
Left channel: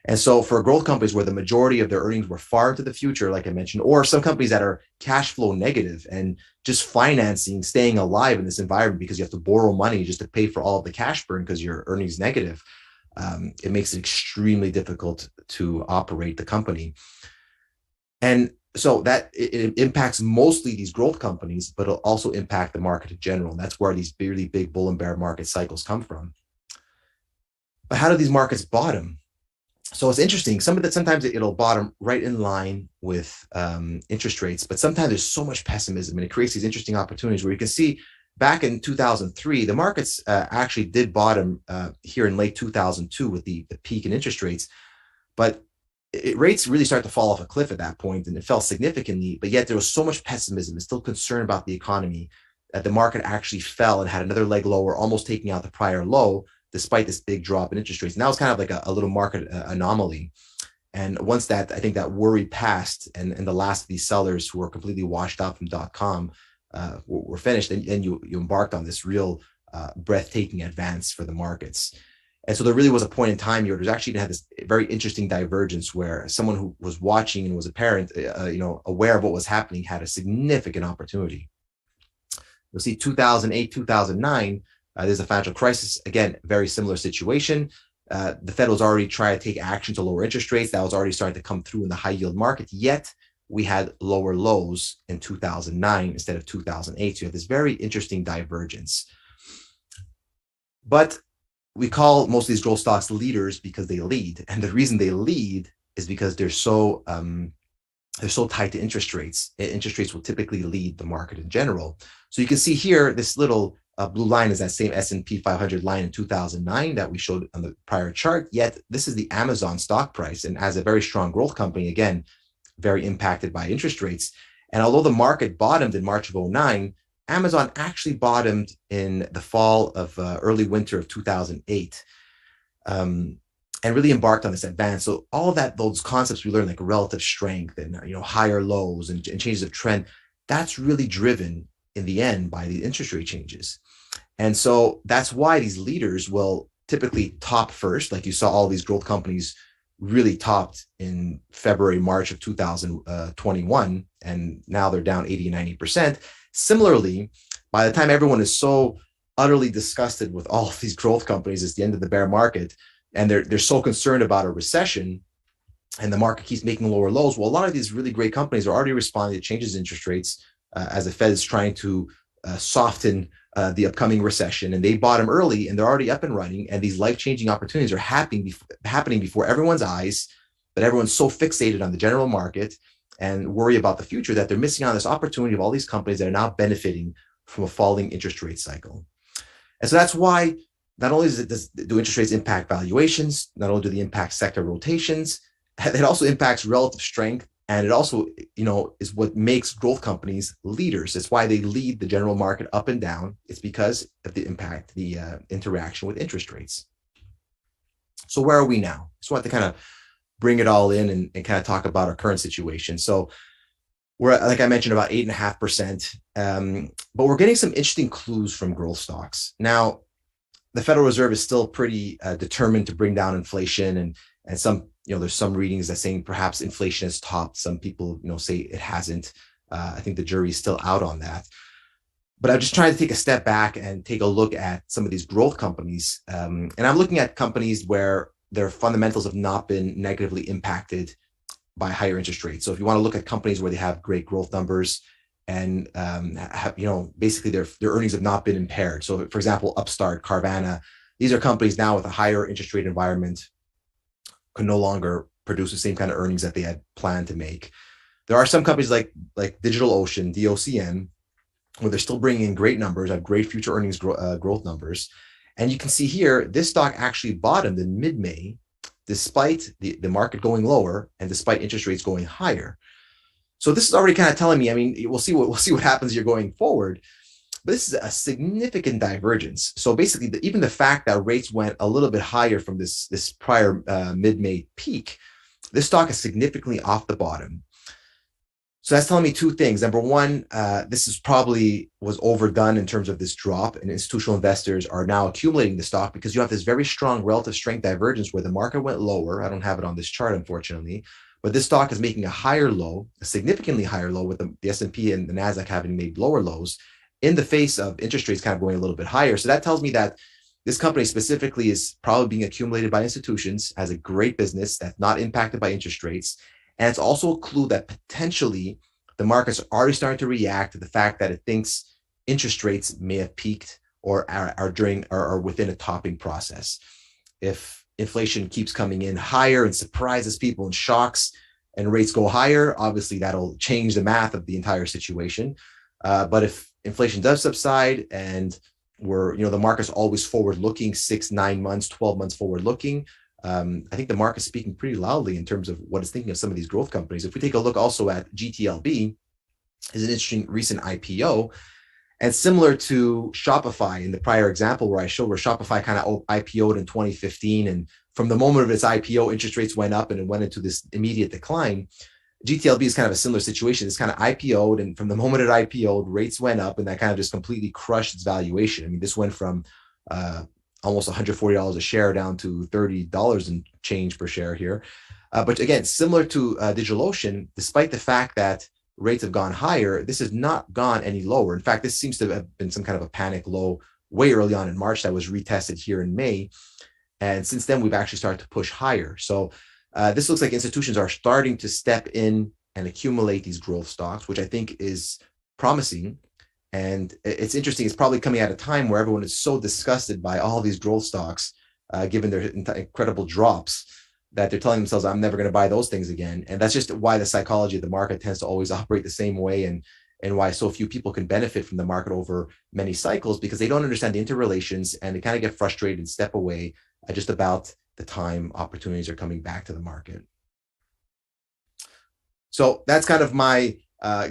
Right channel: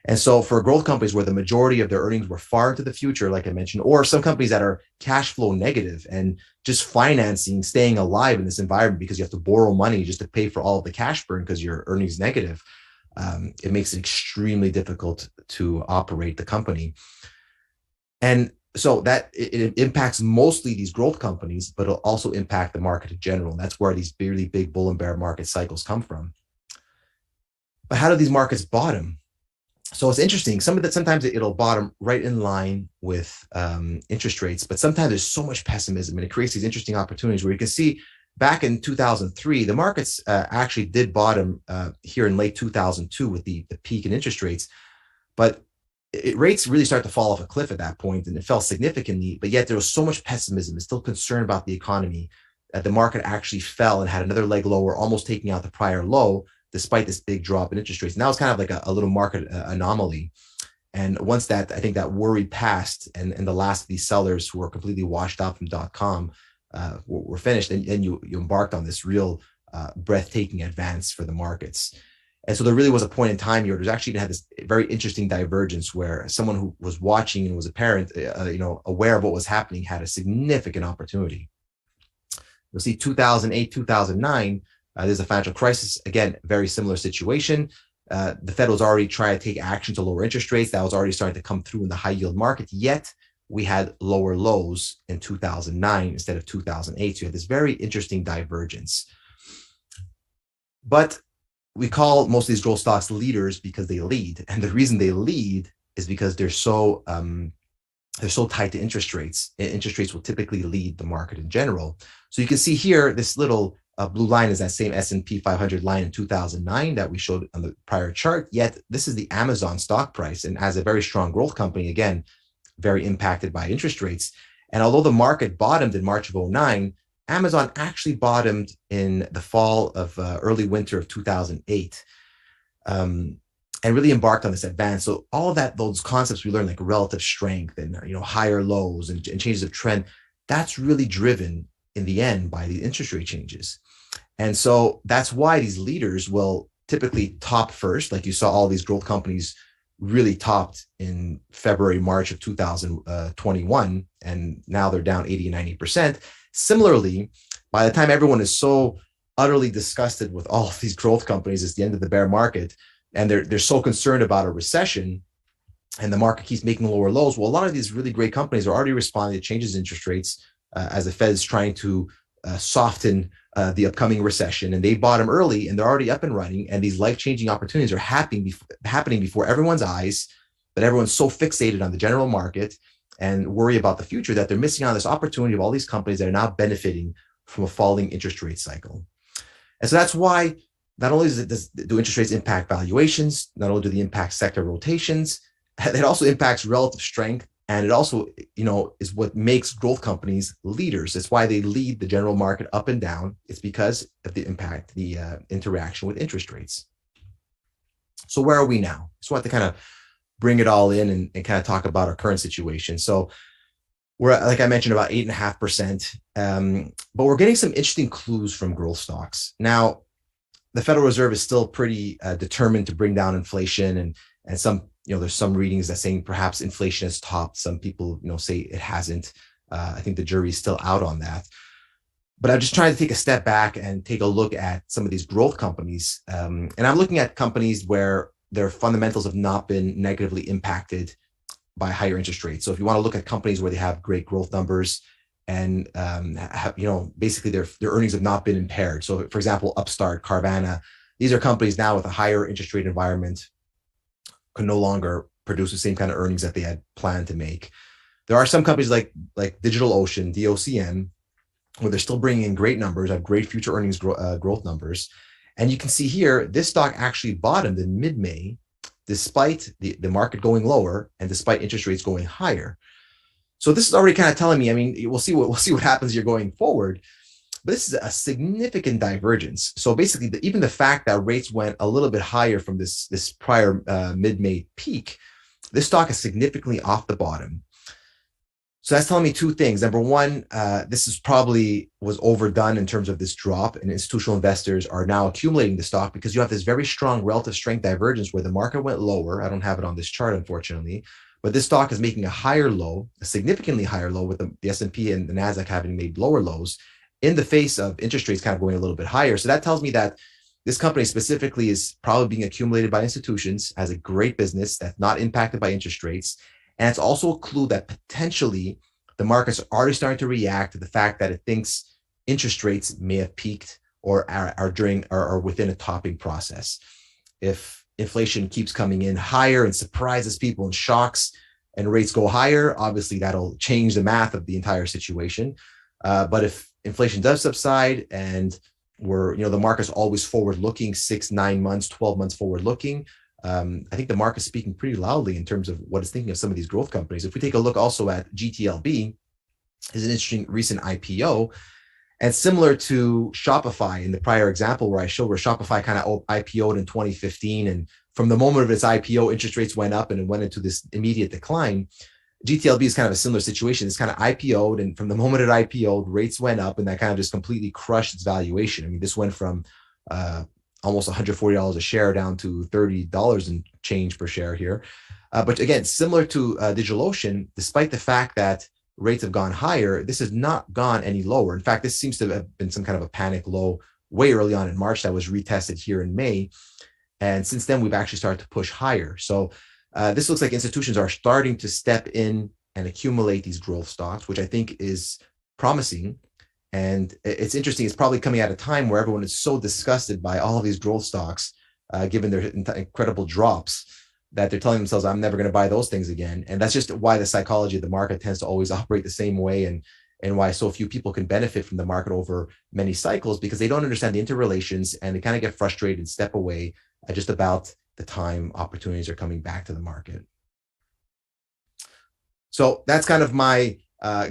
And so for growth companies where the majority of their earnings were far into the future, like I mentioned, or some companies that are cash flow negative and just financing, staying alive in this environment because you have to borrow money just to pay for all of the cash burn because your earnings negative, it makes it extremely difficult to operate the company. And so that it impacts mostly these growth companies, but it'll also impact the market in general. That's where these really big bull and bear market cycles come from. But how do these markets bottom? So it's interesting. Sometimes it'll bottom right in line with interest rates, but sometimes there's so much pessimism and it creates these interesting opportunities where you can see back in 2003, the markets actually did bottom here in late 2002 with the peak in interest rates, but rates really started to fall off a cliff at that point, and it fell significantly, but yet there was so much pessimism and still concern about the economy that the market actually fell and had another leg lower, almost taking out the prior low, despite this big drop in interest rates. And that was kind of like a little market anomaly. And once that, I think that worry passed and the last of these sellers who were completely washed out from .com were finished, and you embarked on this real breathtaking advance for the markets. And so there really was a point in time here where there's actually going to have this very interesting divergence where someone who was watching and was a parent, aware of what was happening, had a significant opportunity. You'll see 2008, 2009, there's a financial crisis. Again, very similar situation. The Fed was already trying to take action to lower interest rates. That was already starting to come through in the high yield market. Yet we had lower lows in 2009 instead of 2008. So you have this very interesting divergence. But we call most of these growth stocks leaders because they lead. And the reason they lead is because they're so tied to interest rates. Interest rates will typically lead the market in general. So you can see here, this little blue line is that same S&P 500 line in 2009 that we showed on the prior chart. Yet this is the Amazon stock price. And as a very strong growth company, again, very impacted by interest rates. And although the market bottomed in March of 2009, Amazon actually bottomed in the fall of early winter of 2008 and really embarked on this advance. So all of that, those concepts we learned, like relative strength and higher lows and changes of trend, that's really driven in the end by the interest rate changes. And so that's why these leaders will typically top first, like you saw all these growth companies really topped in February, March of 2021, and now they're down 80 and 90%. Similarly, by the time everyone is so utterly disgusted with all of these growth companies, it's the end of the bear market, and they're so concerned about a recession, and the market keeps making lower lows. Well, a lot of these really great companies are already responding to changes in interest rates as the Fed is trying to soften the upcoming recession, and they bottom early, and they're already up and running, and these life-changing opportunities are happening before everyone's eyes, but everyone's so fixated on the general market and worry about the future that they're missing on this opportunity of all these companies that are now benefiting from a falling interest rate cycle. And so that's why not only do interest rates impact valuations, not only do they impact sector rotations, it also impacts relative strength, and it also is what makes growth companies leaders. It's why they lead the general market up and down. It's because of the impact, the interaction with interest rates. So where are we now? Just want to kind of bring it all in and kind of talk about our current situation. So we're at, like I mentioned, about 8.5%, but we're getting some interesting clues from growth stocks. Now, the Federal Reserve is still pretty determined to bring down inflation, and some, there's some readings that saying perhaps inflation has topped. Some people, say it hasn't. I think the jury's still out on that. But I'm just trying to take a step back and take a look at some of these growth companies. And I'm looking at companies where their fundamentals have not been negatively impacted by higher interest rates. So if you want to look at companies where they have great growth numbers and basically their earnings have not been impaired. So for example, Upstart, Carvana, these are companies now with a higher interest rate environment can no longer produce the same kind of earnings that they had planned to make. There are some companies like DigitalOcean, DOCN, where they're still bringing in great numbers, have great future earnings growth numbers. And you can see here, this stock actually bottomed in mid-May, despite the market going lower and despite interest rates going higher. So this is already kind of telling me, I mean, we'll see what happens here going forward, but this is a significant divergence. So basically, even the fact that rates went a little bit higher from this prior mid-May peak, this stock is significantly off the bottom. So that's telling me two things. Number one, this is probably was overdone in terms of this drop, and institutional investors are now accumulating the stock because you have this very strong relative strength divergence where the market went lower. I don't have it on this chart, unfortunately, but this stock is making a higher low, a significantly higher low, with the S&P and the NASDAQ having made lower lows in the face of interest rates kind of going a little bit higher. So that tells me that this company specifically is probably being accumulated by institutions, has a great business that's not impacted by interest rates. And it's also a clue that potentially the markets are already starting to react to the fact that it thinks interest rates may have peaked or are within a topping process. If inflation keeps coming in higher and surprises people and shocks and rates go higher, obviously that'll change the math of the entire situation. But if inflation does subside and the market's always forward looking, 6, 9 months, 12 months forward looking, I think the market's speaking pretty loudly in terms of what it's thinking of some of these growth companies. If we take a look also at GTLB, is an interesting recent IPO, and similar to Shopify in the prior example where I showed where Shopify kind of IPO'd in 2015, and from the moment of its IPO, interest rates went up and it went into this immediate decline. GTLB is kind of a similar situation. It's kind of IPO'd, and from the moment it IPO'd, rates went up, and that kind of just completely crushed its valuation. I mean, this went from almost $140 a share down to $30 and change per share here. But again, similar to DigitalOcean, despite the fact that rates have gone higher, this has not gone any lower. In fact, this seems to have been some kind of a panic low way early on in March that was retested here in May. And since then, we've actually started to push higher. So this looks like institutions are starting to step in and accumulate these growth stocks, which I think is promising. And it's interesting, it's probably coming at a time where everyone is so disgusted by all these growth stocks, given their incredible drops, that they're telling themselves, I'm never going to buy those things again. And that's just why the psychology of the market tends to always operate the same way, and why so few people can benefit from the market over many cycles, because they don't understand the interrelations and they kind of get frustrated and step away at just about the time opportunities are coming back to the market. So that's kind of my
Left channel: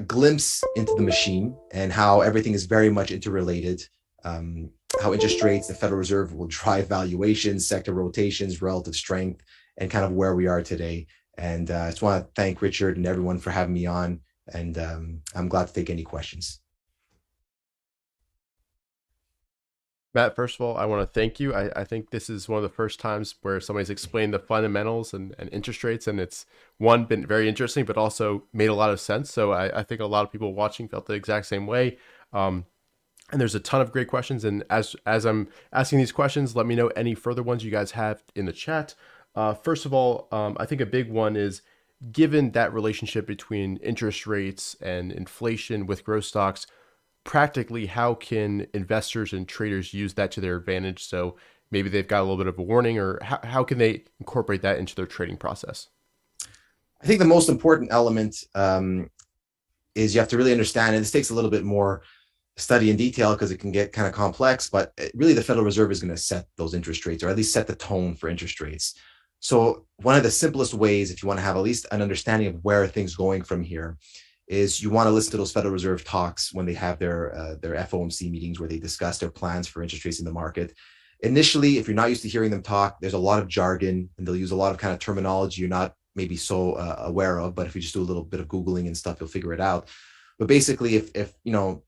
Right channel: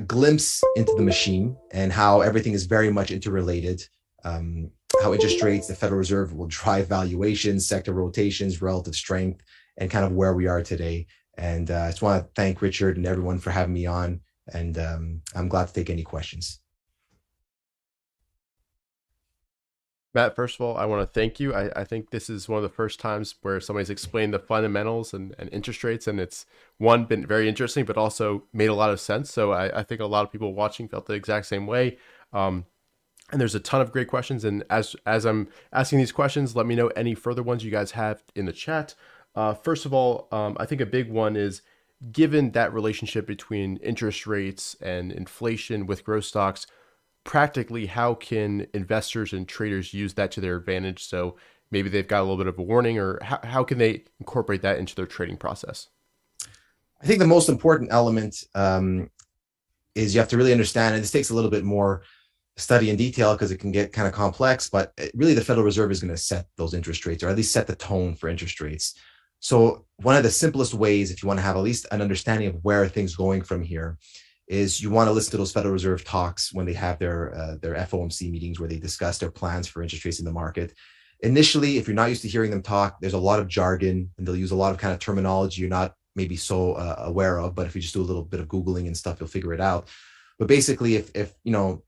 glimpse into the machine and how everything is very much interrelated. How interest rates, the Federal Reserve will drive valuations, sector rotations, relative strength, and kind of where we are today. And I just want to thank Richard and everyone for having me on. And I'm glad to take any questions. Matt, first of all, I want to thank you. I think this is one of the first times where somebody's explained the fundamentals and interest rates, and it's been very interesting, but also made a lot of sense. So I think a lot of people watching felt the exact same way. And there's a ton of great questions. And as I'm asking these questions, let me know any further ones you guys have in the chat. First of all, I think a big one is, given that relationship between interest rates and inflation with growth stocks, practically, how can investors and traders use that to their advantage? So maybe they've got a little bit of a warning, or how can they incorporate that into their trading process? I think the most important element is you have to really understand, and this takes a little bit more study in detail because it can get kind of complex, but really the Federal Reserve is going to set those interest rates, or at least set the tone for interest rates. So one of the simplest ways, if you want to have at least an understanding of where things are going from here, is you want to listen to those Federal Reserve talks when they have their FOMC meetings where they discuss their plans for interest rates in the market. Initially, if you're not used to hearing them talk, there's a lot of jargon, and they'll use a lot of kind of terminology you're not maybe so aware of. But if you just do a little bit of Googling and stuff, you'll figure it out. But basically, if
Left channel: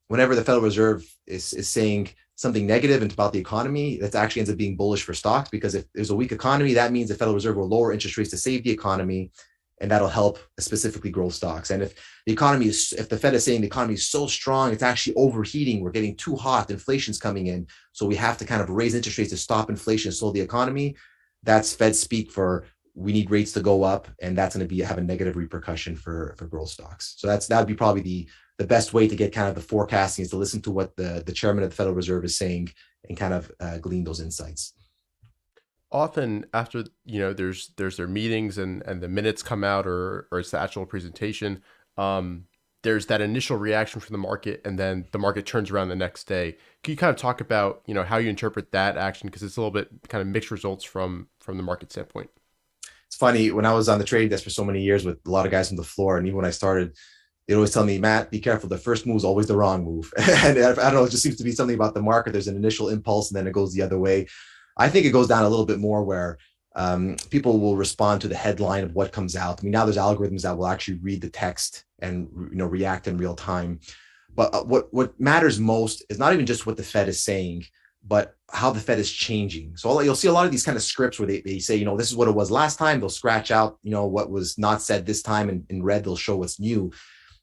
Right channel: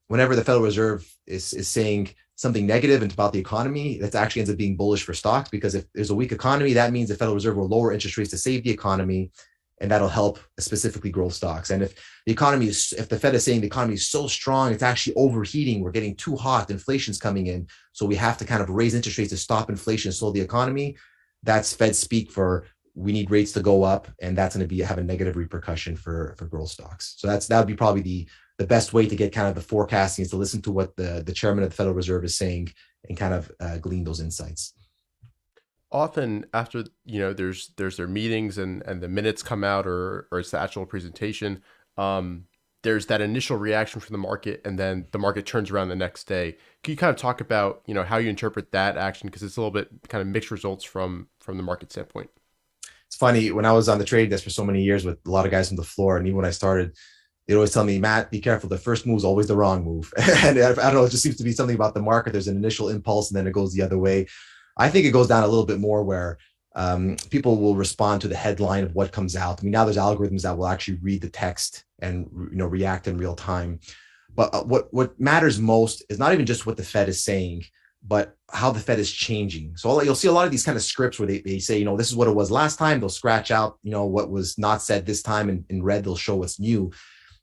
whenever the Federal Reserve is saying something negative and about the economy, that actually ends up being bullish for stocks, because if there's a weak economy, that means the Federal Reserve will lower interest rates to save the economy, and that'll help specifically growth stocks. And if the Fed is saying the economy is so strong, it's actually overheating, we're getting too hot, inflation's coming in, so we have to kind of raise interest rates to stop inflation, slow the economy, that's Fed speak for we need rates to go up, and that's going to have a negative repercussion for growth stocks. So that would be probably the best way to get kind of the forecasting, is to listen to what the chairman of the Federal Reserve is saying and kind of glean those insights. Often after, there's their meetings and the minutes come out, or it's the actual presentation, there's that initial reaction from the market, and then the market turns around the next day. Can you kind of talk about, how you interpret that action? Because it's a little bit kind of mixed results from the market standpoint. It's funny, when I was on the trading desk for so many years with a lot of guys on the floor, and even when I started, they'd always tell me, Matt, be careful. The first move is always the wrong move. And I don't know, it just seems to be something about the market. There's an initial impulse and then it goes the other way. I think it goes down a little bit more where people will respond to the headline of what comes out. I mean, now there's algorithms that will actually read the text and react in real time. But what matters most is not even just what the Fed is saying, but how the Fed is changing. So you'll see a lot of these kind of scripts where they say, this is what it was last time. They'll scratch out, what was not said this time, and in red, they'll show what's new.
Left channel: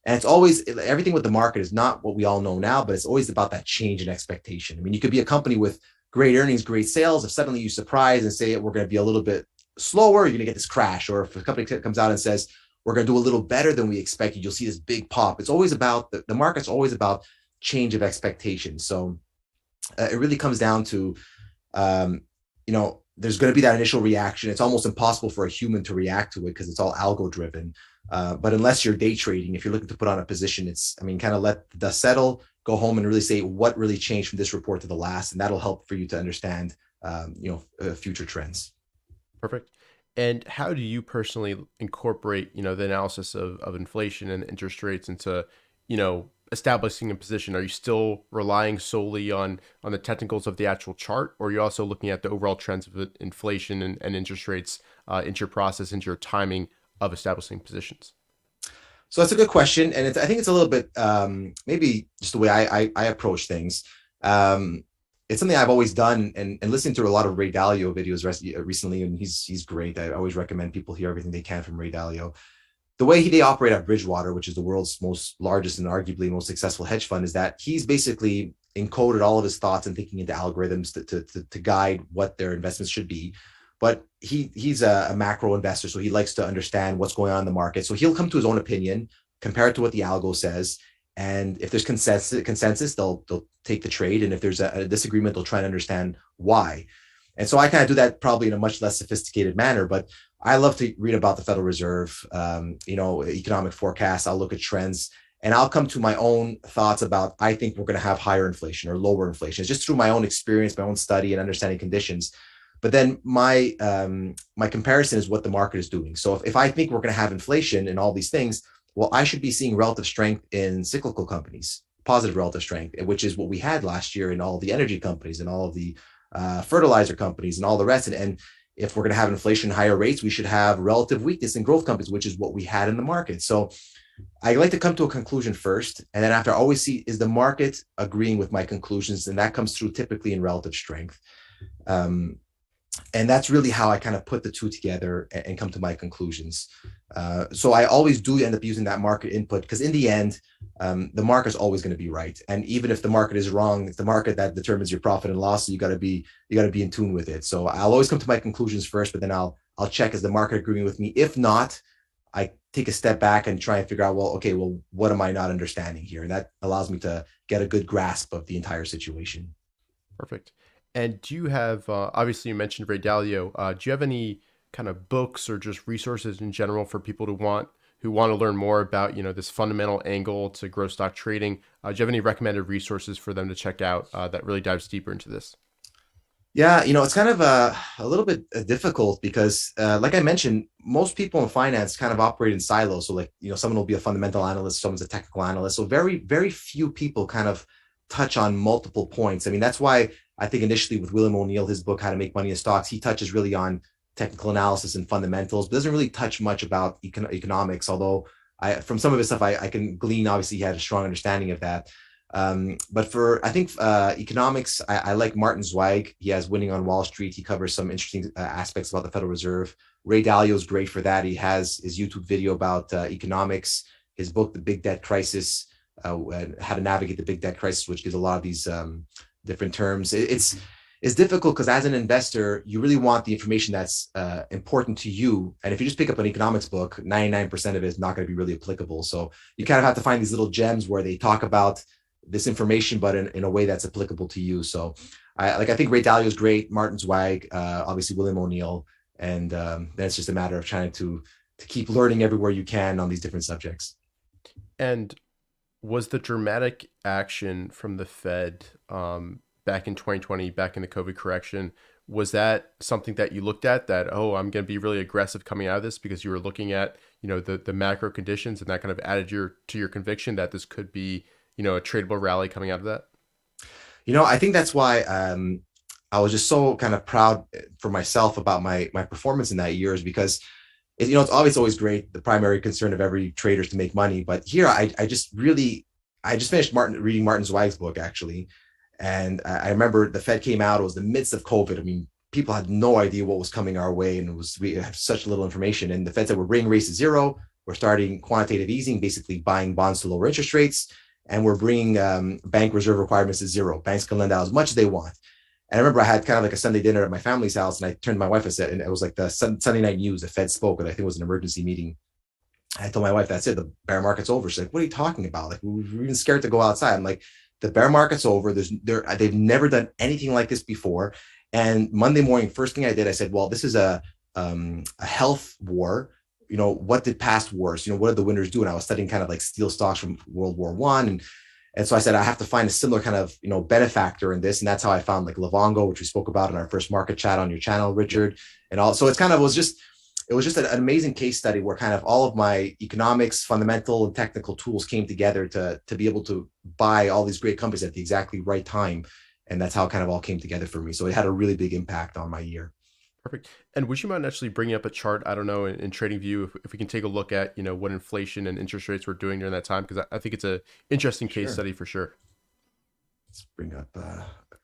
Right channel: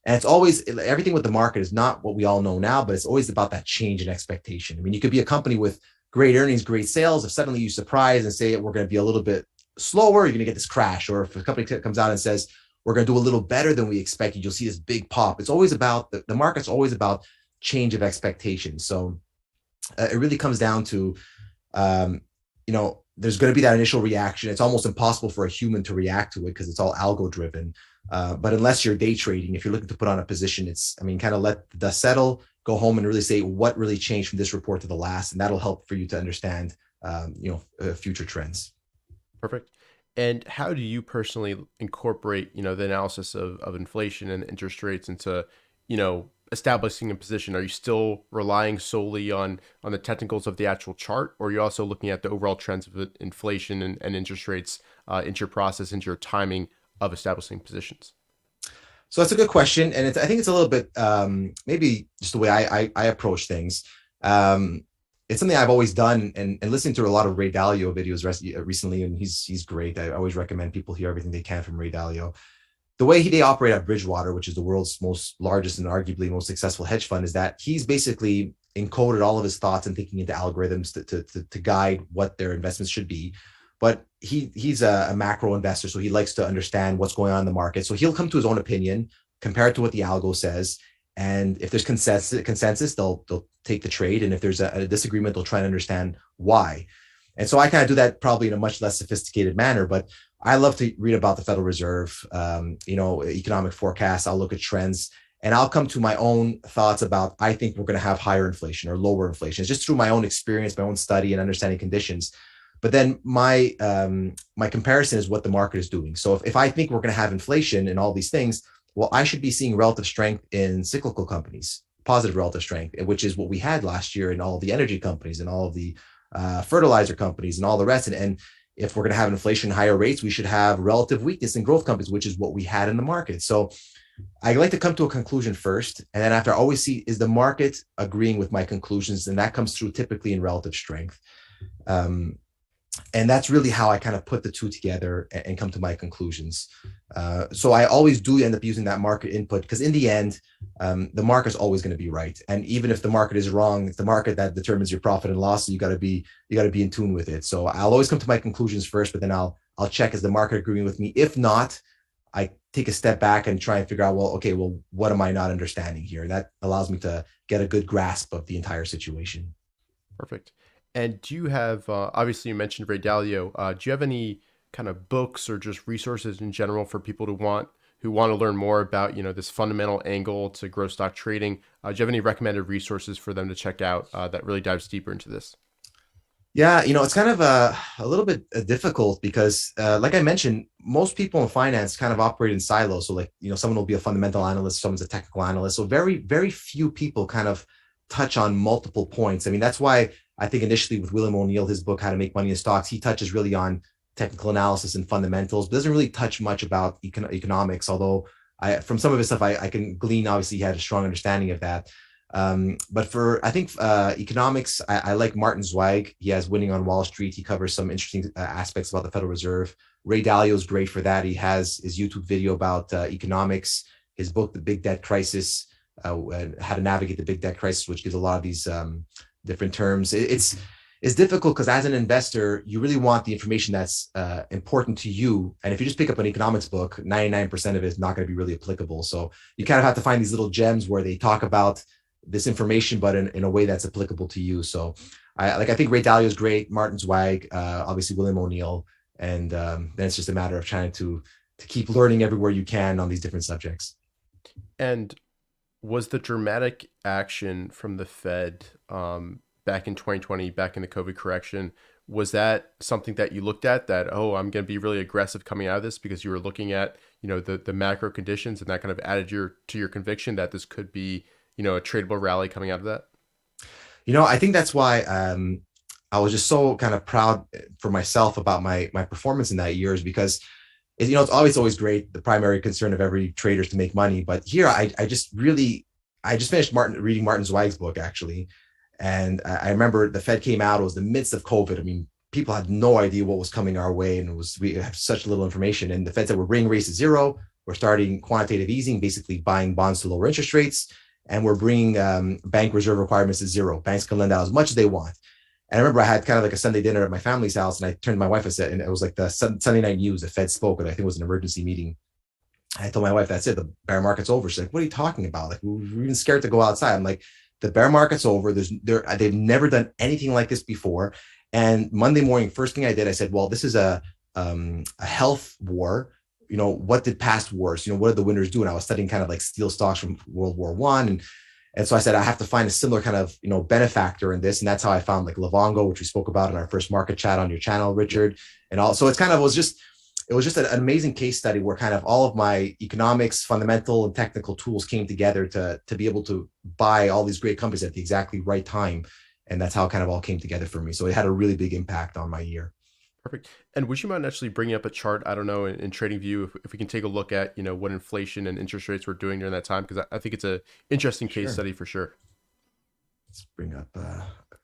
And it's always, everything with the market is not what we all know now, but it's always about that change in expectation. I mean, you could be a company with great earnings, great sales. If suddenly you surprise and say we're going to be a little bit slower, you're going to get this crash. Or if a company comes out and says we're going to do a little better than we expected, you'll see this big pop. It's always about, the market's always about change of expectation. So it really comes down to, there's going to be that initial reaction. It's almost impossible for a human to react to it because it's all algo driven. But unless you're day trading, if you're looking to put on a position, kind of let the dust settle, go home and really say what really changed from this report to the last. And that'll help for you to understand, future trends. Perfect. And how do you personally incorporate, the analysis of inflation and interest rates into, establishing a position? Are you still relying solely on the technicals of the actual chart, or are you also looking at the overall trends of inflation and interest rates into your process, into your timing of establishing positions? So that's a good question. And I think it's a little bit, maybe just the way I approach things. It's something I've always done, and listening to a lot of Ray Dalio videos recently, and he's great. I always recommend people hear everything they can from Ray Dalio. The way they operate at Bridgewater, which is the world's most largest and arguably most successful hedge fund, is that he's basically encoded all of his thoughts and thinking into algorithms to guide what their investments should be. But he's a macro investor, so he likes to understand what's going on in the market. So he'll come to his own opinion, compare it to what the algo says. And if there's consensus, they'll take the trade. And if there's a disagreement, they'll try and understand why. And so I kind of do that probably in a much less sophisticated manner, but I love to read about the Federal Reserve, economic forecasts. I'll look at trends, and I'll come to my own thoughts about, I think we're going to have higher inflation or lower inflation. It's just through my own experience, my own study and understanding conditions. But then my comparison is what the market is doing. So if I think we're going to have inflation and all these things, well, I should be seeing relative strength in cyclical companies, positive relative strength, which is what we had last year in all the energy companies and all of the fertilizer companies and all the rest. And if we're going to have inflation, higher rates, we should have relative weakness in growth companies, which is what we had in the market. So I like to come to a conclusion first. And then after, I always see, is the market agreeing with my conclusions? And that comes through typically in relative strength. And that's really how I kind of put the two together and come to my conclusions. So I always do end up using that market input, because in the end, the market is always going to be right. And even if the market is wrong, it's the market that determines your profit and loss. So you got to be in tune with it. So I'll always come to my conclusions first, but then I'll check, is the market agreeing with me? If not, I take a step back and try and figure out, what am I not understanding here? That allows me to get a good grasp of the entire situation. Perfect. And do you have, obviously you mentioned Ray Dalio, do you have any kind of books or just resources in general for people who want to learn more about, this fundamental angle to growth stock trading? Do you have any recommended resources for them to check out that really dives deeper into this? Yeah, it's kind of a little bit difficult because, like I mentioned, most people in finance kind of operate in silos. So someone will be a fundamental analyst, someone's a technical analyst. So very, very few people kind of touch on multiple points. I mean, that's why I think initially with William O'Neill, his book, How to Make Money in Stocks, he touches really on technical analysis and fundamentals, but doesn't really touch much about economics. Although from some of his stuff, I can glean, obviously he had a strong understanding of that. But for, I think, economics, I like Martin Zweig. He has Winning on Wall Street. He covers some interesting aspects about the Federal Reserve. Ray Dalio is great for that. He has his YouTube video about economics, his book, The Big Debt Crisis, how to navigate the big debt crisis, which gives a lot of these different terms. It's difficult because as an investor, you really want the information that's important to you. And if you just pick up an economics book, 99% of it is not going to be really applicable. So you kind of have to find these little gems where they talk about this information, but in a way that's applicable to you. So I think Ray Dalio is great, Martin Zweig, obviously William O'Neill. And then it's just a matter of trying to keep learning everywhere you can on these different subjects. And was the dramatic action from the Fed back in 2020, back in the COVID correction, was that something that you looked at that, oh, I'm going to be really aggressive coming out of this because you were looking at, the macro conditions, and that kind of added to your conviction that this could be, a tradable rally coming out of that? I think that's why I was just so kind of proud for myself about my performance in that year, is because it's always great. The primary concern of every trader is to make money. But here I just finished reading Martin Zweig's book, actually. And I remember the Fed came out, it was the midst of COVID. I mean, people had no idea what was coming our way, and we had such little information. And the Fed said, we're bringing rates to zero. We're starting quantitative easing, basically buying bonds to lower interest rates. And we're bringing bank reserve requirements to zero. Banks can lend out as much as they want. And I remember I had kind of like a Sunday dinner at my family's house, and I turned to my wife and said, and it was like the Sunday night news, the Fed spoke, and I think it was an emergency meeting. I told my wife, that's it, the bear market's over. She's like, what are you talking about? Like, we're even scared to go outside. I'm like, the bear market's over. They've never done anything like this before. And Monday morning, first thing I did, I said, well, this is a health war. What did past wars, what did the winners do? And I was studying kind of like steel stocks from World War I. And so I said, I have to find a similar kind of, benefactor in this. And that's how I found like Livongo, which we spoke about in our first market chat on your channel, Richard. And also it was just an amazing case study where kind of all of my economics, fundamental and technical tools came together to be able to buy all these great companies at the exactly right time. And that's how it kind of all came together for me. So it had a really big impact on my year. Perfect. And would you mind actually bringing up a chart, I don't know, in TradingView, if we can take a look at, what inflation and interest rates were doing during that time? Because I think it's an interesting case study for sure. Let's bring up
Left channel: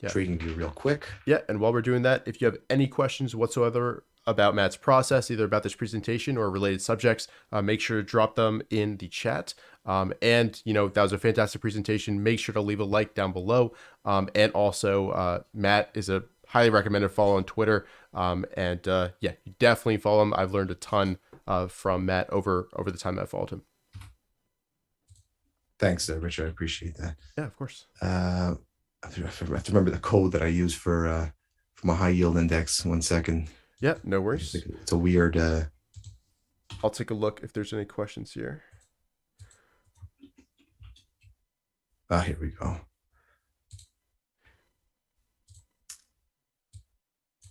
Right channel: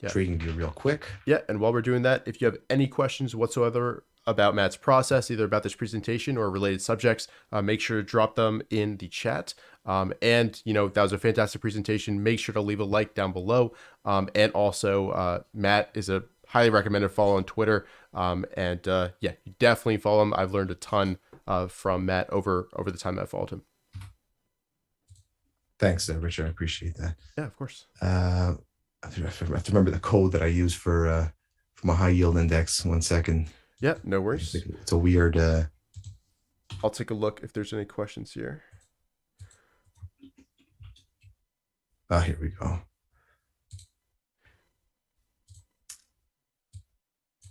TradingView real quick. Yeah. And while we're doing that, if you have any questions whatsoever about Matt's process, either about this presentation or related subjects, make sure to drop them in the chat. And, that was a fantastic presentation. Make sure to leave a like down below. And also, Matt is a highly recommended follow on Twitter. You definitely follow him. I've learned a ton from Matt over the time I've followed him. Thanks, Richard. I appreciate that. Yeah, of course. I have to remember the code that I use for my high yield index. 1 second. Yeah, no worries. It's a weird. I'll take a look if there's any questions here. Here we go.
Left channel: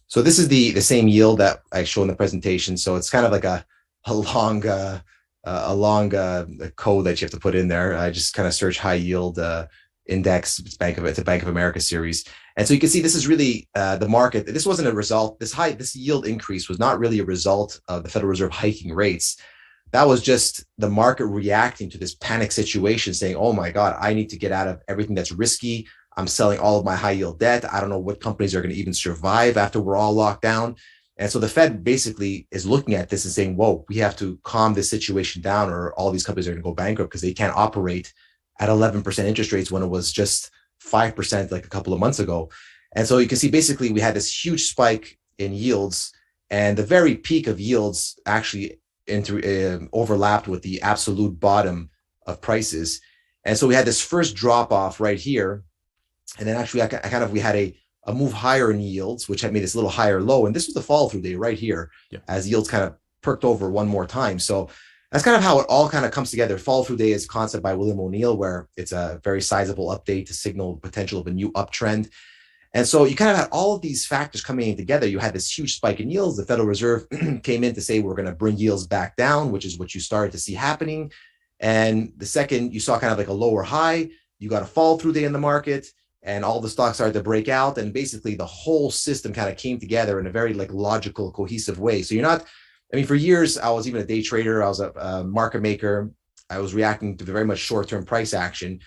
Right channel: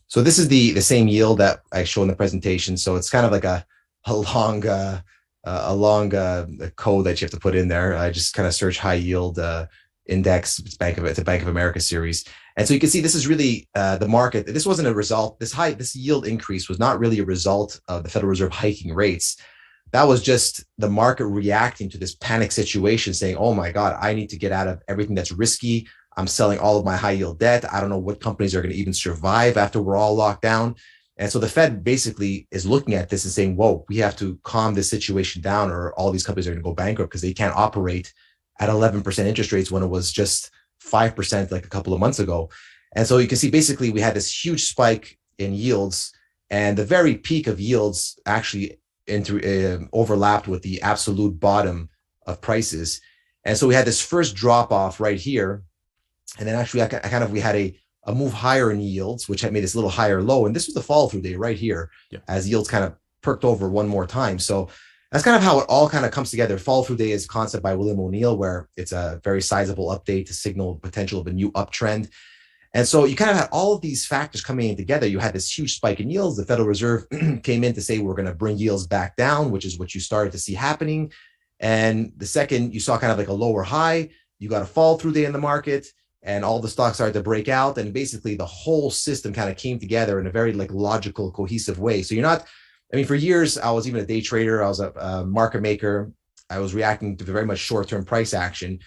So this is the same yield that I show in the presentation. So it's kind of like a long code that you have to put in there. I just kind of search high yield index. It's a Bank of America series. And so you can see this is really the market. This wasn't a result. This yield increase was not really a result of the Federal Reserve hiking rates. That was just the market reacting to this panic situation, saying, oh my God, I need to get out of everything that's risky. I'm selling all of my high yield debt. I don't know what companies are going to even survive after we're all locked down. And so the Fed basically is looking at this and saying, whoa, we have to calm this situation down, or all these companies are going to go bankrupt because they can't operate at 11% interest rates when it was just 5% like a couple of months ago. And so you can see basically we had this huge spike in yields, and the very peak of yields actually overlapped with the absolute bottom of prices. And so we had this first drop off right here. And then actually we had a move higher in yields, which had made this little higher low. And this was the follow through day right here, as yields kind of perked over one more time. So that's kind of how it all kind of comes together. Follow through day is a concept by William O'Neill, where it's a very sizable update to signal potential of a new uptrend. And so you kind of had all of these factors coming in together. You had this huge spike in yields. The Federal Reserve came in to say, we're going to bring yields back down, which is what you started to see happening. And the second you saw kind of like a lower high, you got a follow through day in the market, and all the stocks started to break out. And basically the whole system kind of came together in a very like logical, cohesive way. So for years, I was even a day trader. I was a market maker. I was reacting to very much short-term price action.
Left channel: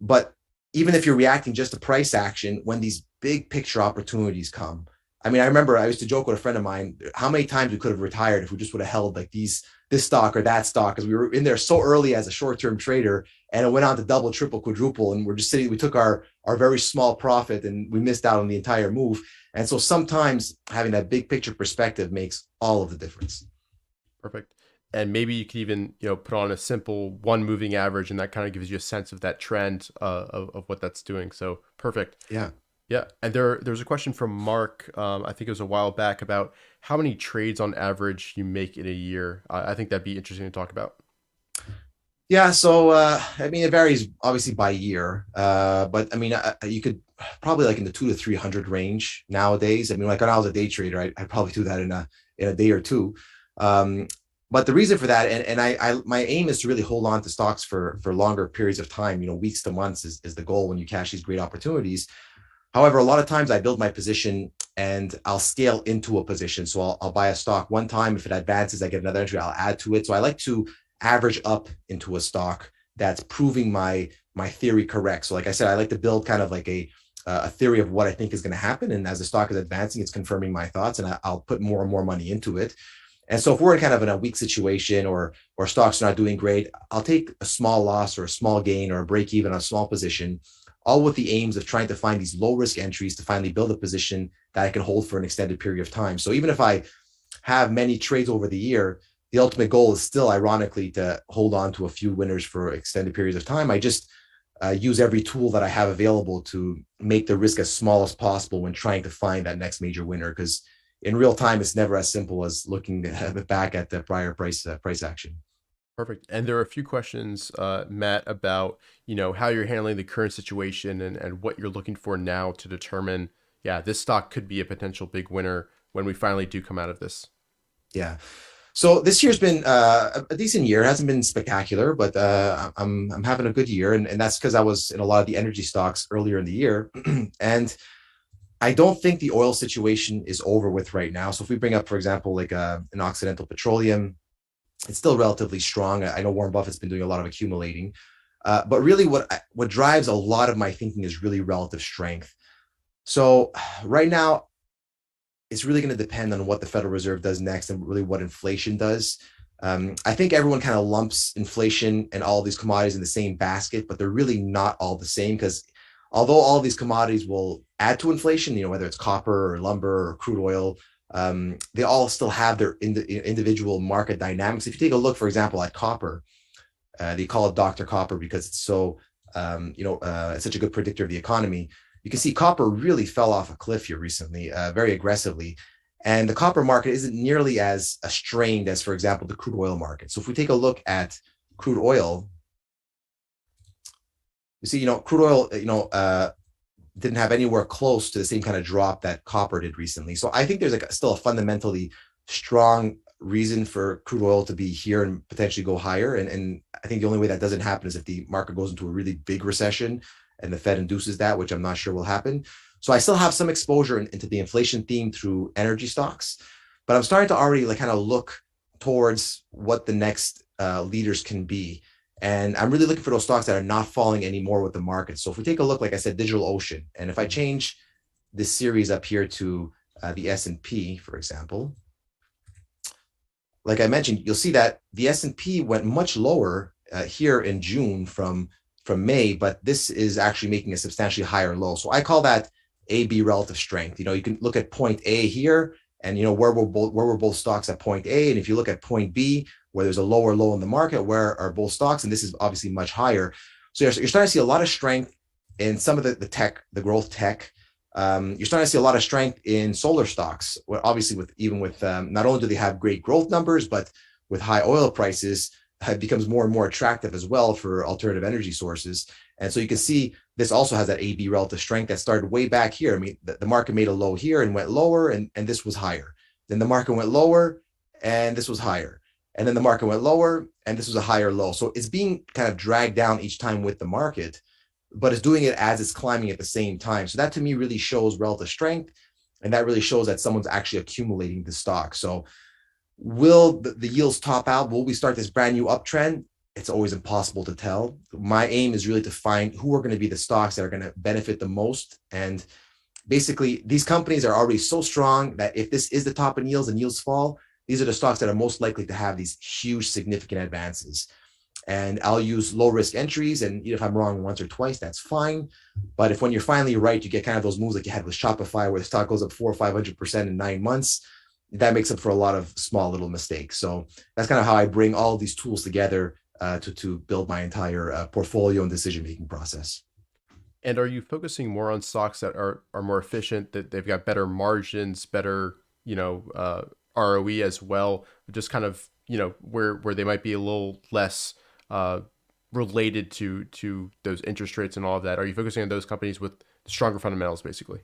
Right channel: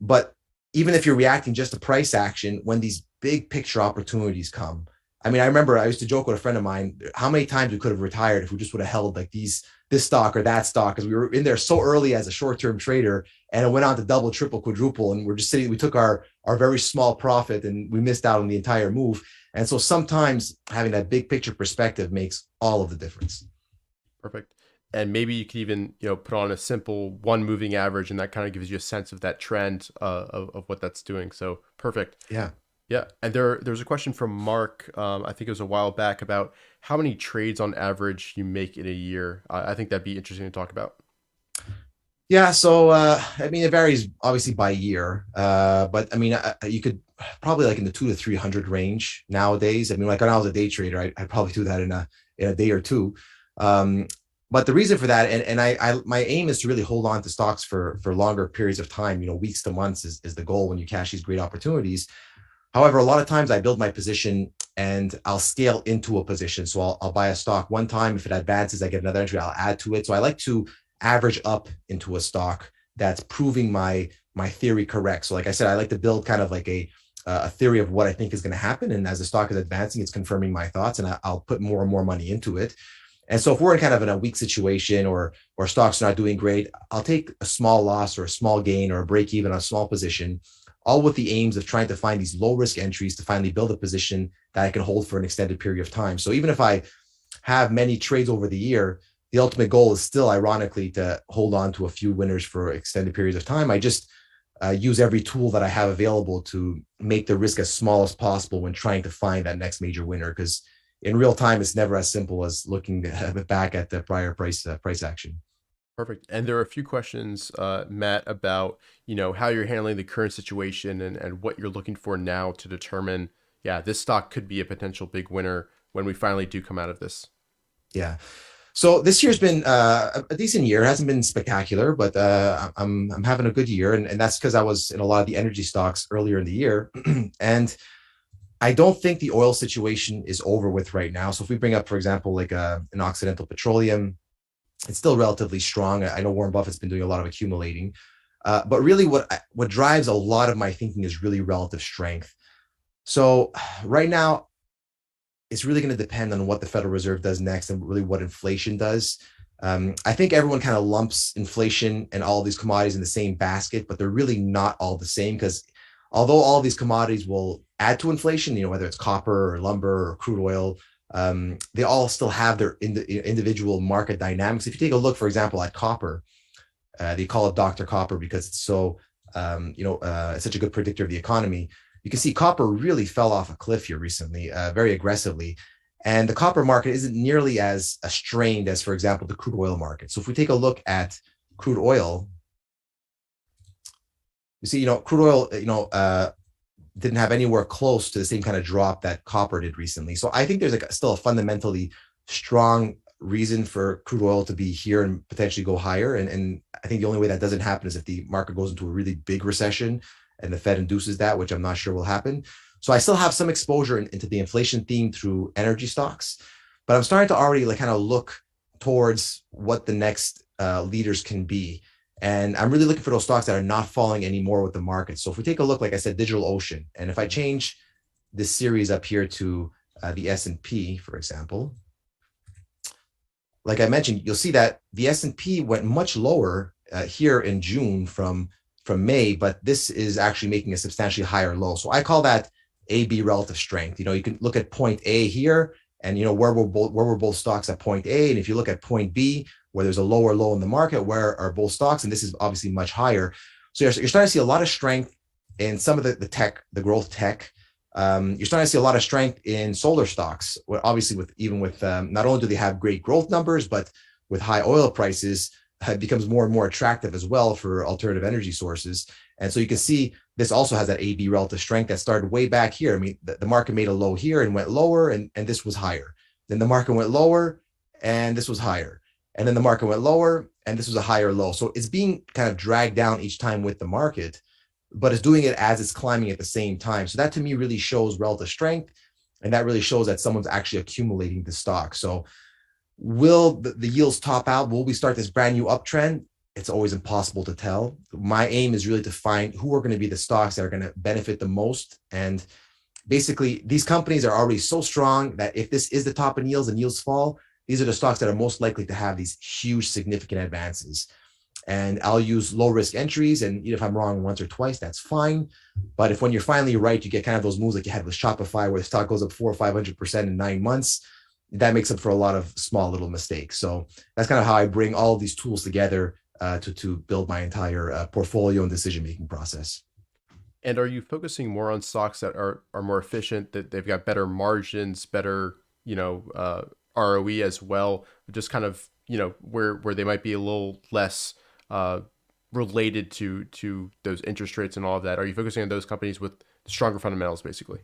But even if you're reacting just to price action, when these big picture opportunities come. I mean, I remember I used to joke with a friend of mine how many times we could have retired if we just would have held like this stock or that stock, because we were in there so early as a short-term trader, and it went on to double, triple, quadruple, and we're just sitting. We took our very small profit and we missed out on the entire move. And so sometimes having that big picture perspective makes all of the difference. Perfect. And maybe you could even, put on a simple one moving average, and that kind of gives you a sense of that trend of what that's doing. So perfect. Yeah. Yeah. And there's a question from Mark, I think it was a while back, about how many trades on average you make in a year. I think that'd be interesting to talk about. Yeah. So, I mean, it varies obviously by year, but I mean, you could probably like in the 200 to 300 range nowadays. I mean, like when I was a day trader, I'd probably do that in a day or two. But the reason for that, and my aim is to really hold on to stocks for longer periods of time, weeks to months is the goal when you cash these great opportunities. However, a lot of times I build my position and I'll scale into a position. So I'll buy a stock one time. If it advances, I get another entry, I'll add to it. So I like to average up into a stock that's proving my theory correct. So like I said, I like to build kind of like a theory of what I think is going to happen. And as the stock is advancing, it's confirming my thoughts, and I'll put more and more money into it. And so if we're in a weak situation or stocks are not doing great, I'll take a small loss or a small gain or a break even on a small position, all with the aims of trying to find these low risk entries to finally build a position that I can hold for an extended period of time. So even if I have many trades over the year, the ultimate goal is still, ironically, to hold on to a few winners for extended periods of time. I just use every tool that I have available to make the risk as small as possible when trying to find that next major winner, because in real time, it's never as simple as looking back at the prior price action. Perfect. And there are a few questions, Matt, about, how you're handling the current situation and what you're looking for now to determine, this stock could be a potential big winner when we finally do come out of this. Yeah. So this year's been a decent year. It hasn't been spectacular, but I'm having a good year. And that's because I was in a lot of the energy stocks earlier in the year. And I don't think the oil situation is over with right now. So if we bring up, for example, like an Occidental Petroleum, it's still relatively strong. I know Warren Buffett's been doing a lot of accumulating, but really what drives a lot of my thinking is really relative strength. So right now, it's really going to depend on what the Federal Reserve does next and really what inflation does. I think everyone kind of lumps inflation and all these commodities in the same basket, but they're really not all the same, because although all these commodities will add to inflation, whether it's copper or lumber or crude oil, they all still have their individual market dynamics. If you take a look, for example, at copper, they call it Dr. Copper because it's so, it's such a good predictor of the economy. You can see copper really fell off a cliff here recently, very aggressively. And the copper market isn't nearly as strained as, for example, the crude oil market. So if we take a look at crude oil, you see, crude oil, didn't have anywhere close to the same kind of drop that copper did recently. So I think there's still a fundamentally strong reason for crude oil to be here and potentially go higher. And I think the only way that doesn't happen is if the market goes into a really big recession and the Fed induces that, which I'm not sure will happen. So I still have some exposure into the inflation theme through energy stocks, but I'm starting to already kind of look towards what the next leaders can be. And I'm really looking for those stocks that are not falling anymore with the market. So if we take a look, like I said, DigitalOcean, and if I change this series up here to the S&P, for example, like I mentioned, you'll see that the S&P went much lower here in June from May, but this is actually making a substantially higher low. So I call that AB relative strength. You can look at point A here, and where were both stocks at point A, and if you look at point B, where there's a lower low in the market, where are both stocks? And this is obviously much higher. So you're starting to see a lot of strength in some of the tech, the growth tech. You're starting to see a lot of strength in solar stocks. Well, obviously, with not only do they have great growth numbers, but with high oil prices, it becomes more and more attractive as well for alternative energy sources. And so you can see this also has that AB relative strength that started way back here. I mean, the market made a low here and went lower, and this was higher. Then the market went lower, and this was higher. And then the market went lower, and this was a higher low. So it's being kind of dragged down each time with the market, but it's doing it as it's climbing at the same time. So that to me really shows relative strength, and that really shows that someone's actually accumulating the stock. So will the yields top out? Will we start this brand new uptrend? it's always impossible to tell. My aim is really to find who are going to be the stocks that are going to benefit the most. And basically, these companies are already so strong that if this is the top in yields and yields fall, these are the stocks that are most likely to have these huge, significant advances. And I'll use low risk entries. And if I'm wrong once or twice, that's fine. But if when you're finally right, you get kind of those moves like you had with Shopify, where the stock goes up 400 or 500% in 9 months, that makes up for a lot of small little mistakes. So that's kind of how I bring all of these tools together to build my entire portfolio and decision-making process. And are you focusing more on stocks that are more efficient, that they've got better margins, better, ROE as well, just kind of, where they might be a little less related to those interest rates and all of that? Are you focusing on those companies with stronger fundamentals, basically?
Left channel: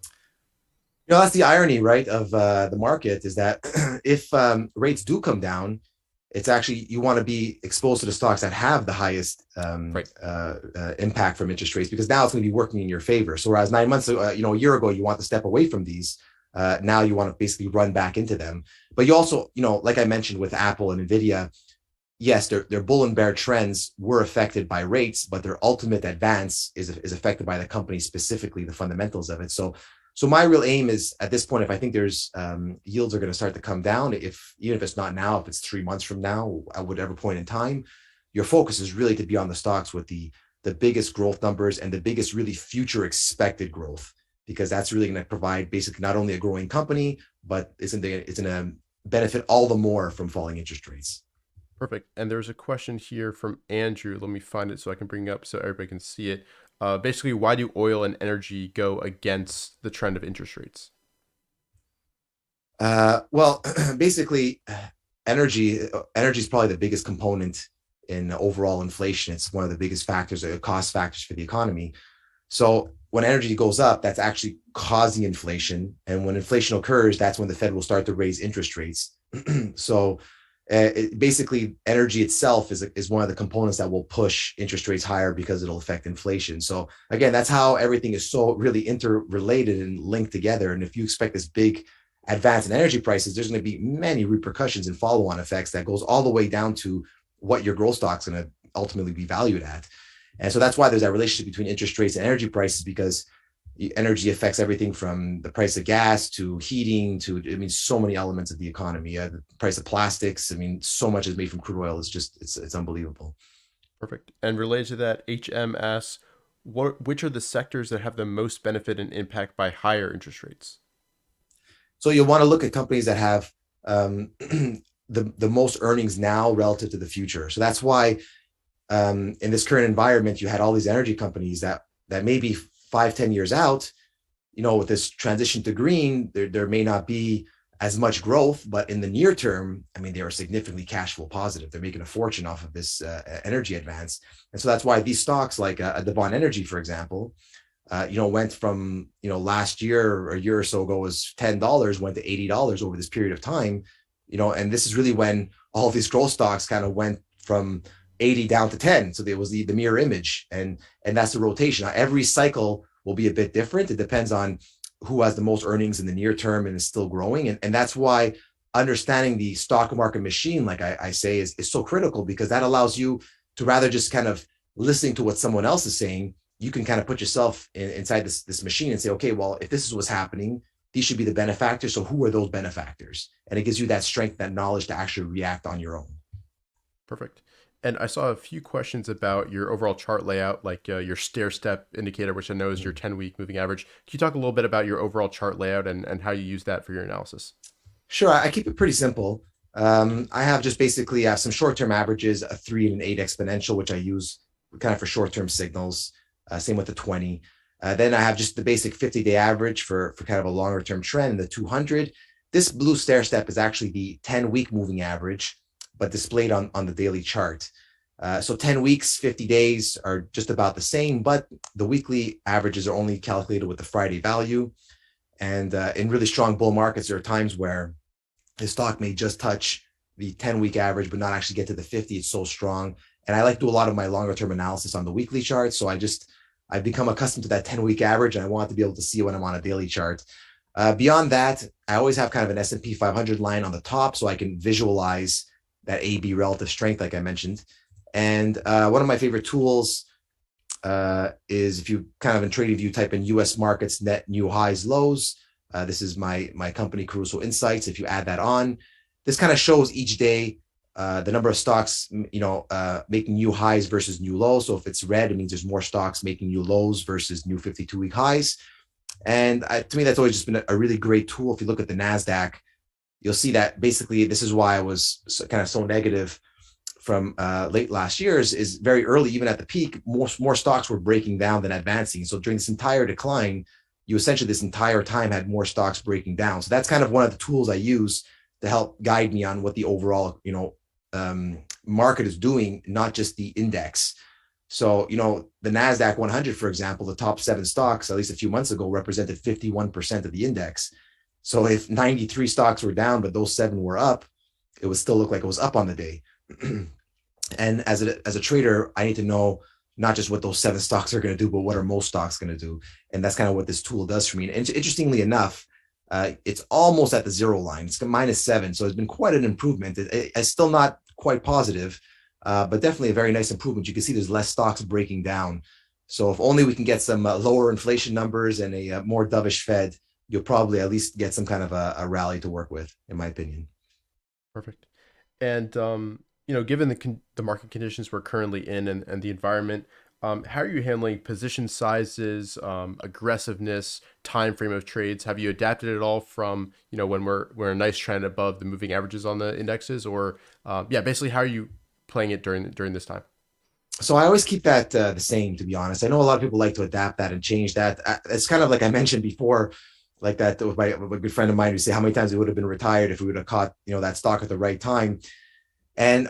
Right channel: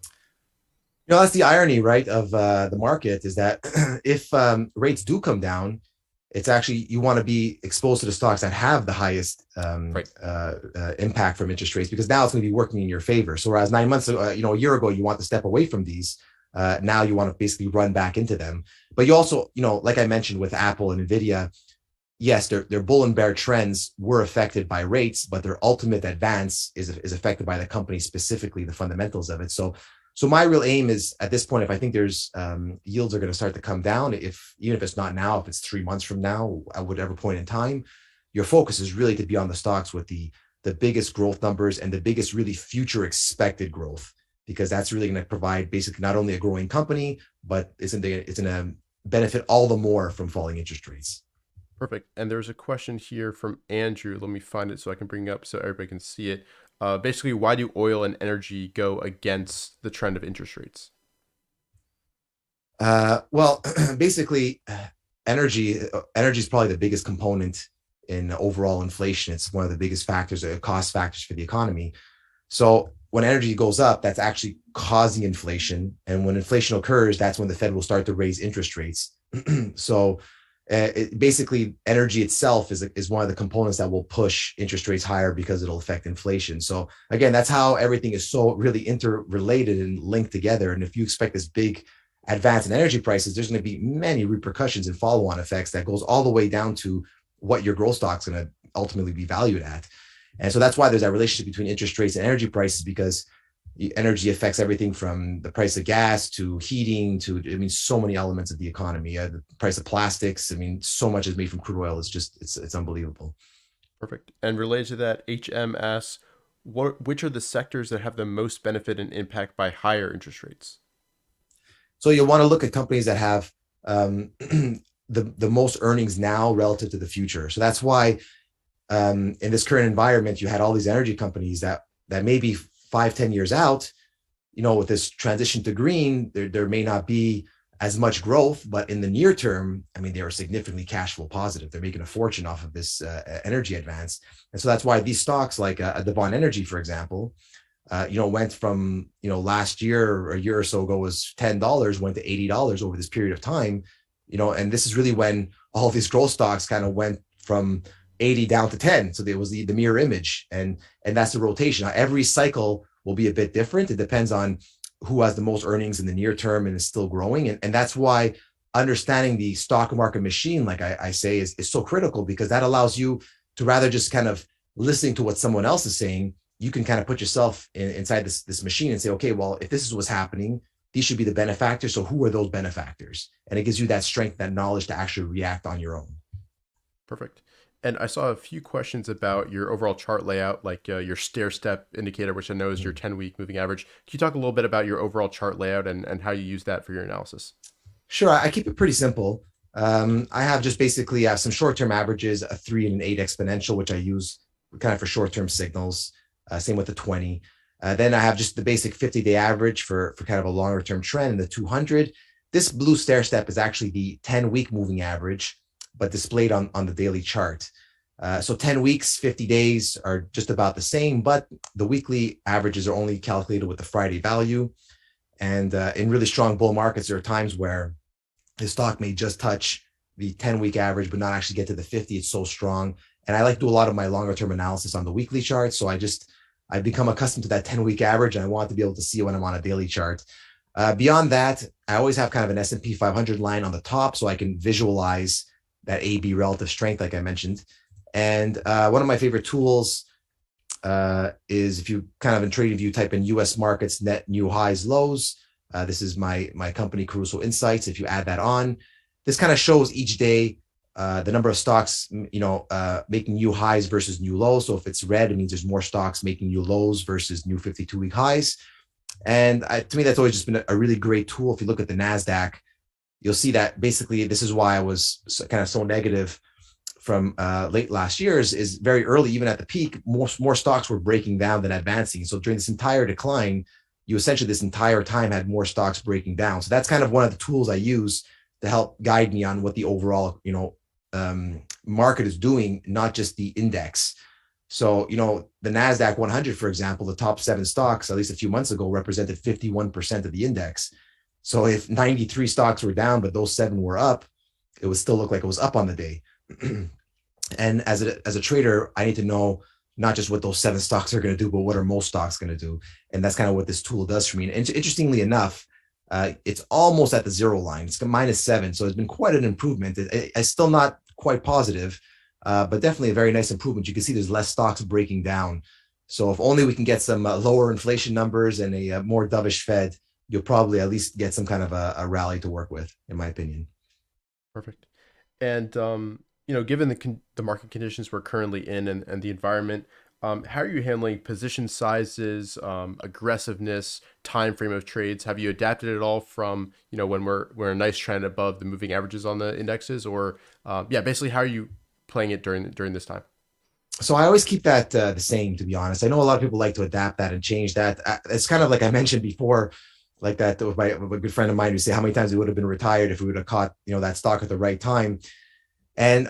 That's the irony, right, of the market, is that if rates do come down, it's actually, you want to be exposed to the stocks that have the highest impact from interest rates, because now it's going to be working in your favor. So whereas 9 months, a year ago, you want to step away from these, now you want to basically run back into them. But you also, like I mentioned with Apple and Nvidia, yes, their bull and bear trends were affected by rates, but their ultimate advance is affected by the company, specifically the fundamentals of it. So my real aim is, at this point, if I think there's yields are going to start to come down, even if it's not now, if it's 3 months from now, at whatever point in time, your focus is really to be on the stocks with the biggest growth numbers and the biggest really future expected growth, because that's really going to provide basically not only a growing company, but it's going to benefit all the more from falling interest rates. Perfect. And there's a question here from Andrew. Let me find it so I can bring it up so everybody can see it. Basically, why do oil and energy go against the trend of interest rates? Well, basically, energy is probably the biggest component in overall inflation. It's one of the biggest factors, cost factors for the economy. So when energy goes up, that's actually causing inflation. And when inflation occurs, that's when the Fed will start to raise interest rates. So basically, energy itself is one of the components that will push interest rates higher, because it'll affect inflation. So again, that's how everything is so really interrelated and linked together. And if you expect this big advance in energy prices, there's going to be many repercussions and follow-on effects that goes all the way down to what your growth stock's going to ultimately be valued at. And so that's why there's that relationship between interest rates and energy prices, because energy affects everything from the price of gas to heating to, so many elements of the economy. The price of plastics, so much is made from crude oil. It's unbelievable. Perfect. And related to that, HM asks, which are the sectors that have the most benefit and impact by higher interest rates? So you'll want to look at companies that have the most earnings now relative to the future. So that's why in this current environment, you had all these energy companies that maybe 5-10 years out, with this transition to green, there may not be as much growth, but in the near term, they are significantly cash flow positive. They're making a fortune off of this energy advance. And so that's why these stocks like Devon Energy, for example, went from, last year or a year or so ago was $10, went to $80 over this period of time, and this is really when all of these growth stocks kind of went from 80 down to 10. So there was the mirror image, and that's the rotation. Now, every cycle will be a bit different. It depends on who has the most earnings in the near term and is still growing. And that's why understanding the stock market machine, like I say, is so critical, because that allows you to, rather just kind of listening to what someone else is saying, you can kind of put yourself inside this machine and say, okay, well, if this is what's happening, these should be the benefactors. So who are those benefactors? And it gives you that strength, that knowledge to actually react on your own. Perfect. And I saw a few questions about your overall chart layout, like your stair step indicator, which I know is your 10-week moving average. Can you talk a little bit about your overall chart layout and how you use that for your analysis? Sure. I keep it pretty simple. I have just basically have some short-term averages, a 3 and an 8 exponential, which I use kind of for short-term signals. Same with the 20. Then I have just the basic 50-day average for kind of a longer-term trend, and the 200. This blue stair step is actually the 10-week moving average, but displayed on the daily chart. So 10 weeks, 50 days are just about the same, but the weekly averages are only calculated with the Friday value. And in really strong bull markets, there are times where the stock may just touch the 10-week average, but not actually get to the 50. It's so strong. And I like to do a lot of my longer term analysis on the weekly chart. So I've become accustomed to that 10-week average, and I want to be able to see when I'm on a daily chart. Beyond that, I always have kind of an S&P 500 line on the top, so I can visualize that AB relative strength, like I mentioned. And one of my favorite tools is, if you kind of in trading view type in US markets net new highs lows. This is my company Caruso Insights. If you add that on, this kind of shows each day the number of stocks, making new highs versus new lows. So if it's red, it means there's more stocks making new lows versus new 52-week highs. And to me, that's always just been a really great tool. If you look at the NASDAQ, you'll see that basically this is why I was kind of so negative from late last year is very early, even at the peak, more stocks were breaking down than advancing. So during this entire decline, you essentially this entire time had more stocks breaking down. So that's kind of one of the tools I use to help guide me on what the overall, market is doing, not just the index. So, the NASDAQ 100, for example, the top 7 stocks, at least a few months ago, represented 51% of the index. So if 93 stocks were down, but those 7 were up, it would still look like it was up on the day. And as a trader, I need to know not just what those 7 stocks are going to do, but what are most stocks going to do. And that's kind of what this tool does for me. And interestingly enough, it's almost at the zero line. It's -7. So it's been quite an improvement. It's still not quite positive, but definitely a very nice improvement. You can see there's less stocks breaking down. So if only we can get some lower inflation numbers and a more dovish Fed, you'll probably at least get some kind of a rally to work with, in my opinion. Perfect. And, given the market conditions we're currently in and the environment, how are you handling position sizes, aggressiveness, time frame of trades? Have you adapted at all from, when we're a nice trend above the moving averages on the indexes, or basically how are you playing it during this time? So I always keep that the same, to be honest. I know a lot of people like to adapt that and change that. It's kind of like I mentioned before, like that with a good friend of mine who say how many times we would have been retired if we would have caught, that stock at the right time. And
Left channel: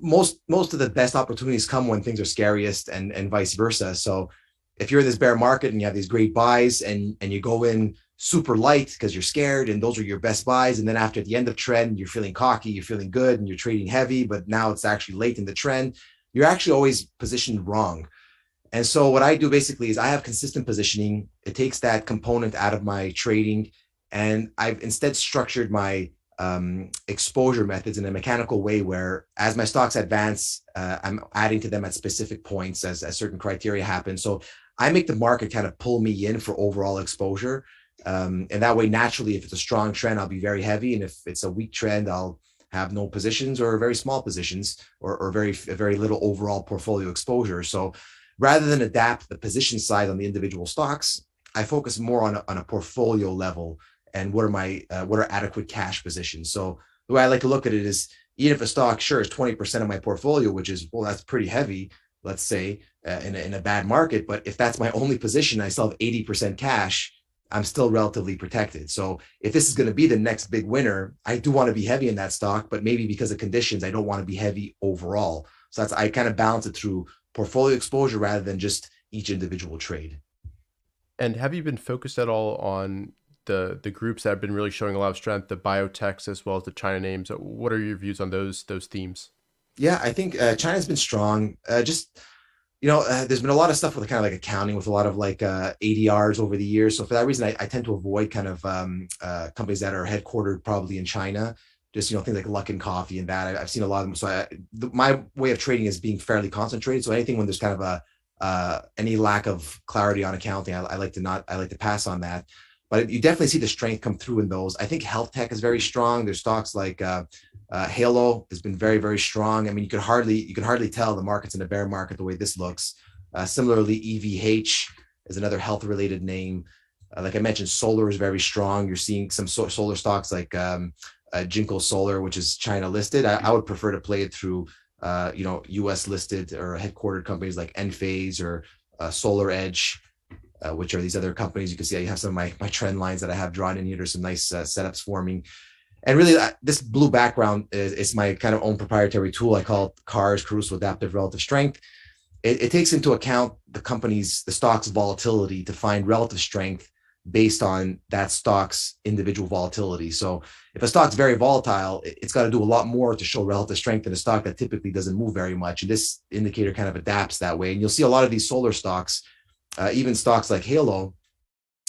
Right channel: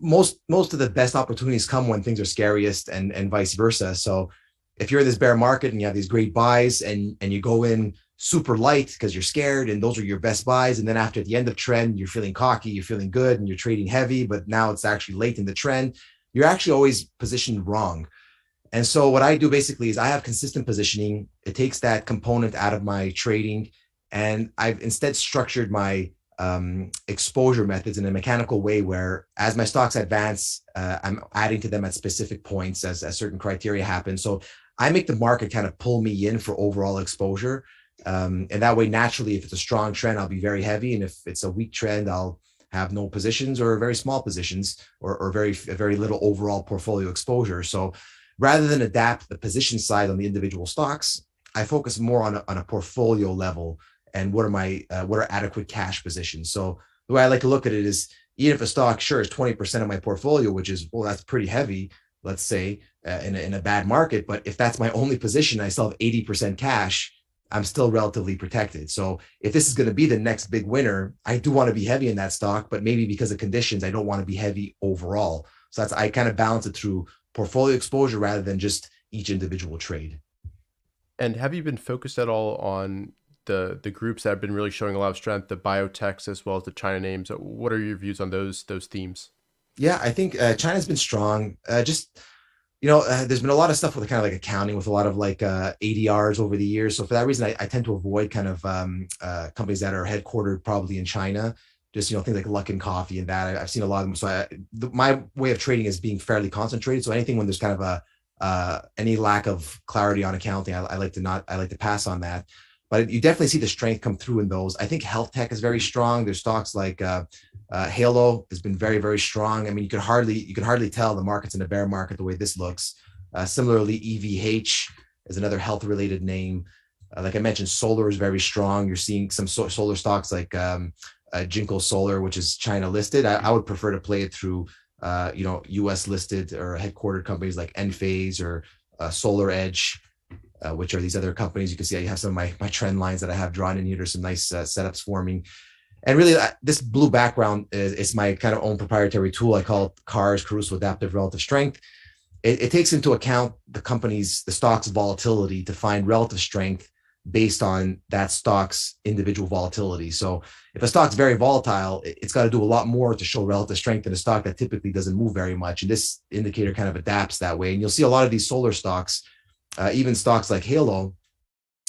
most of the best opportunities come when things are scariest, and vice versa. So if you're in this bear market and you have these great buys and you go in super light because you're scared and those are your best buys, and then after the end of trend, you're feeling cocky, you're feeling good, and you're trading heavy, but now it's actually late in the trend, you're actually always positioned wrong. And so what I do basically is I have consistent positioning. It takes that component out of my trading, and I've instead structured my exposure methods in a mechanical way where as my stocks advance, I'm adding to them at specific points as certain criteria happen. So I make the market kind of pull me in for overall exposure. And that way, naturally, if it's a strong trend, I'll be very heavy. And if it's a weak trend, I'll have no positions or very small positions or very little overall portfolio exposure. So rather than adapt the position size on the individual stocks, I focus more on a portfolio level. And what are adequate cash positions? So the way I like to look at it is, even if a stock sure is 20% of my portfolio, which is, well, that's pretty heavy, let's say, in a bad market. But if that's my only position, I still have 80% cash, I'm still relatively protected. So if this is going to be the next big winner, I do want to be heavy in that stock, but maybe because of conditions, I don't want to be heavy overall. So I kind of balance it through portfolio exposure rather than just each individual trade. And have you been focused at all on the groups that have been really showing a lot of strength, the biotechs as well as the China names? What are your views on those themes? Yeah, I think China's been strong. There's been a lot of stuff with kind of like accounting with a lot of like ADRs over the years. So for that reason, I tend to avoid kind of companies that are headquartered probably in China. Just, things like Luckin Coffee and that. I've seen a lot of them. So my way of trading is being fairly concentrated. So anything when there's kind of any lack of clarity on accounting, I like to pass on that. But you definitely see the strength come through in those. I think health tech is very strong. There's stocks like Halo has been very, very strong. I mean, you can hardly tell the market's in a bear market the way this looks. Similarly, EVH is another health related name. Like I mentioned, solar is very strong. You're seeing some solar stocks like Jinko Solar, which is China listed. I would prefer to play it through US listed or headquartered companies like Enphase or Solar Edge, which are these other companies. You can see I have some of my trend lines that I have drawn in here. There's some nice setups forming. And really, this blue background is my kind of own proprietary tool. I call it Caruso Adaptive Relative Strength. It takes into account the stock's volatility to find relative strength based on that stock's individual volatility. So if a stock's very volatile, it's got to do a lot more to show relative strength than a stock that typically doesn't move very much. And this indicator kind of adapts that way. And you'll see a lot of these solar stocks, even stocks like Halo,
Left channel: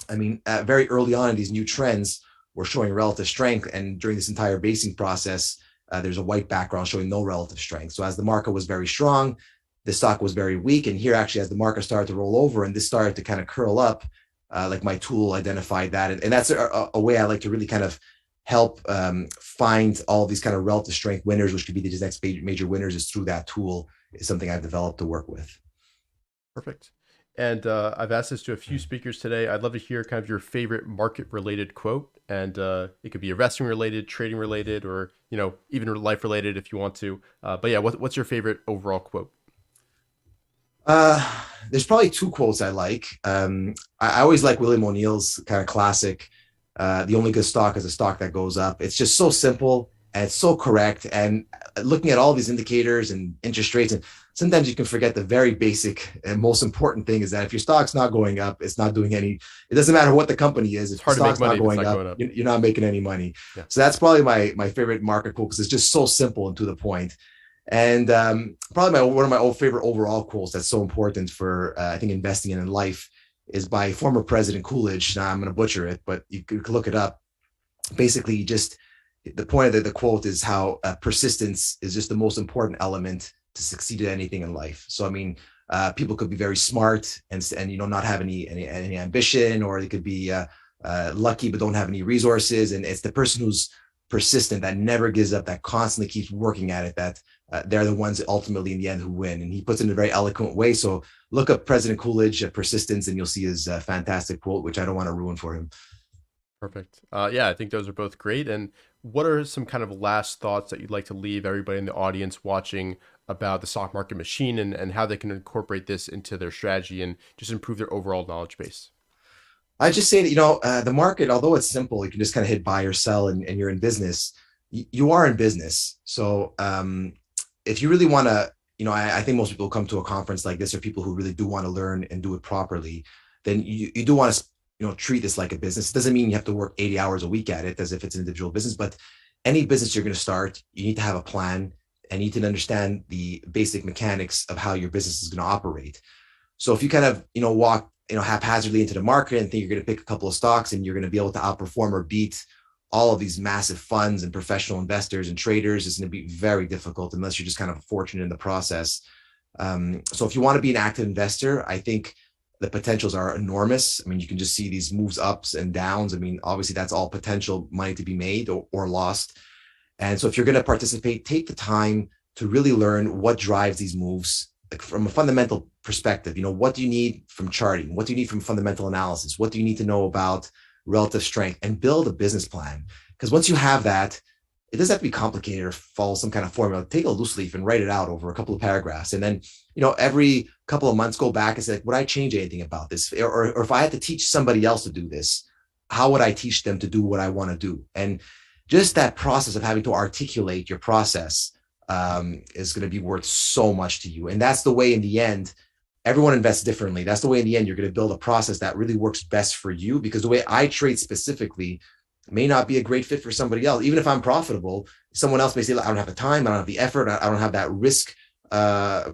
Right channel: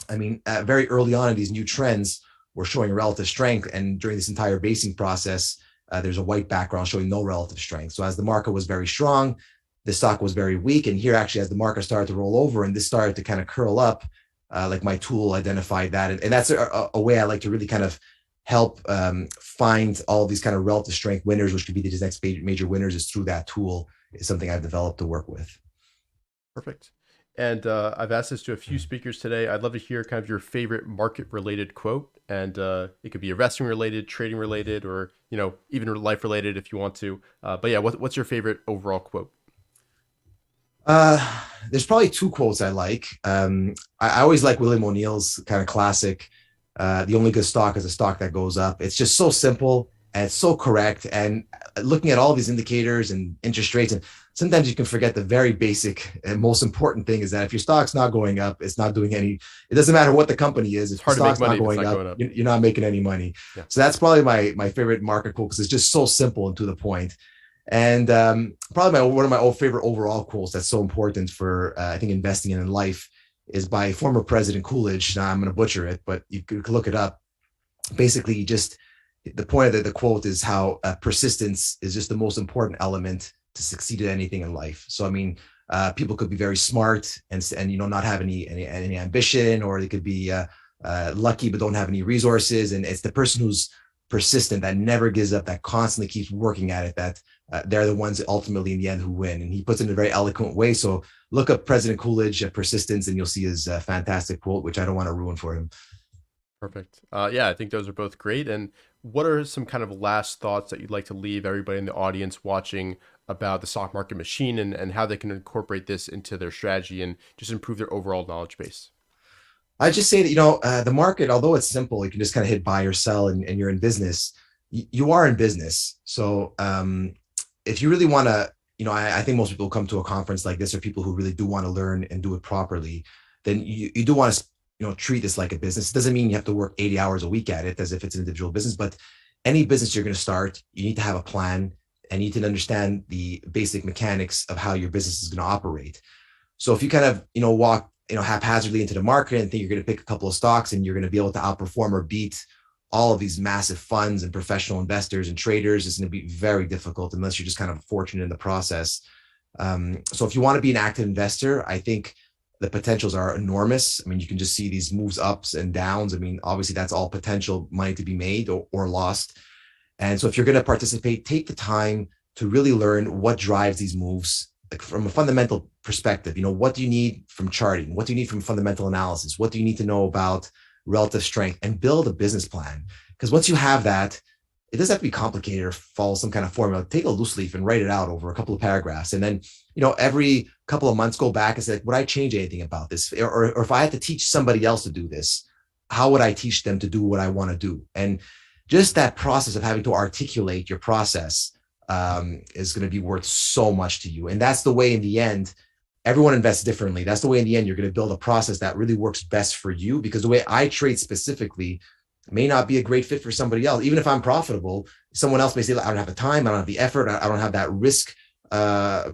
I mean, very early on in these new trends, we're showing relative strength. And during this entire basing process, there's a white background showing no relative strength. So as the market was very strong, the stock was very weak. And here actually, as the market started to roll over and this started to kind of curl up, like my tool identified that. And that's a way I like to really kind of help find all these kind of relative strength winners, which could be these next major winners, is through that tool. Is something I've developed to work with. Perfect. And I've asked this to a few speakers today. I'd love to hear kind of your favorite market related quote. And it could be investing related, trading related, or, you know, even life related if you want to. But yeah, what's your favorite overall quote? There's probably two quotes I like. I always like William O'Neill's kind of classic, the only good stock is a stock that goes up. It's just so simple and it's so correct. And looking at all these indicators and interest rates, and sometimes you can forget the very basic and most important thing is that if your stock's not going up, it's not doing any, it doesn't matter what the company is. If it's hard to make money if it's not going up. You're not making any money. Yeah. So that's probably my favorite market quote because it's just so simple and to the point. And probably one of my favorite overall quotes that's so important for, I think, investing in life is by former President Coolidge. Now I'm going to butcher it, but you could look it up. Basically, just the point of the quote is how persistence is just the most important element to succeed at anything in life. So, I mean, people could be very smart and you know, not have any ambition, or they could be lucky but don't have any resources. And it's the person who's persistent, that never gives up, that constantly keeps working at it, that they're the ones ultimately in the end who win. And he puts it in a very eloquent way. So look up President Coolidge persistence and you'll see his fantastic quote, which I don't want to ruin for him. Perfect. Yeah, I think those are both great. And what are some kind of last thoughts that you'd like to leave everybody in the audience watching about the stock market machine and how they can incorporate this into their strategy and just improve their overall knowledge base? I just say that, you know, the market, although it's simple, you can just kind of hit buy or sell and you're in business. You are in business. So if you really want to, you know, I think most people come to a conference like this are people who really do want to learn and do it properly. Then you do want to, you know, treat this like a business. It doesn't mean you have to work 80 hours a week at it as if it's an individual business, but any business you're going to start, you need to have a plan and you need to understand the basic mechanics of how your business is going to operate. So if you kind of, you know, walk, you know, haphazardly into the market and think you're going to pick a couple of stocks and you're going to be able to outperform or beat all of these massive funds and professional investors and traders, it's going to be very difficult unless you're just kind of fortunate in the process. So if you want to be an active investor, I think the potentials are enormous. I mean, you can just see these moves ups and downs. I mean, obviously that's all potential money to be made or lost. And so if you're going to participate, take the time to really learn what drives these moves. Like from a fundamental perspective, you know, what do you need from charting? What do you need from fundamental analysis? What do you need to know about relative strength, and build a business plan? Because once you have that, it doesn't have to be complicated or follow some kind of formula. Take a loose leaf and write it out over a couple of paragraphs. And then, you know, every couple of months, go back and say, would I change anything about this? Or if I had to teach somebody else to do this, how would I teach them to do what I want to do? And just that process of having to articulate your process is going to be worth so much to you. And that's the way in the end, everyone invests differently. That's the way in the end, you're going to build a process that really works best for you, because the way I trade specifically may not be a great fit for somebody else. Even if I'm profitable, someone else may say, I don't have the time, I don't have the effort, I don't have that risk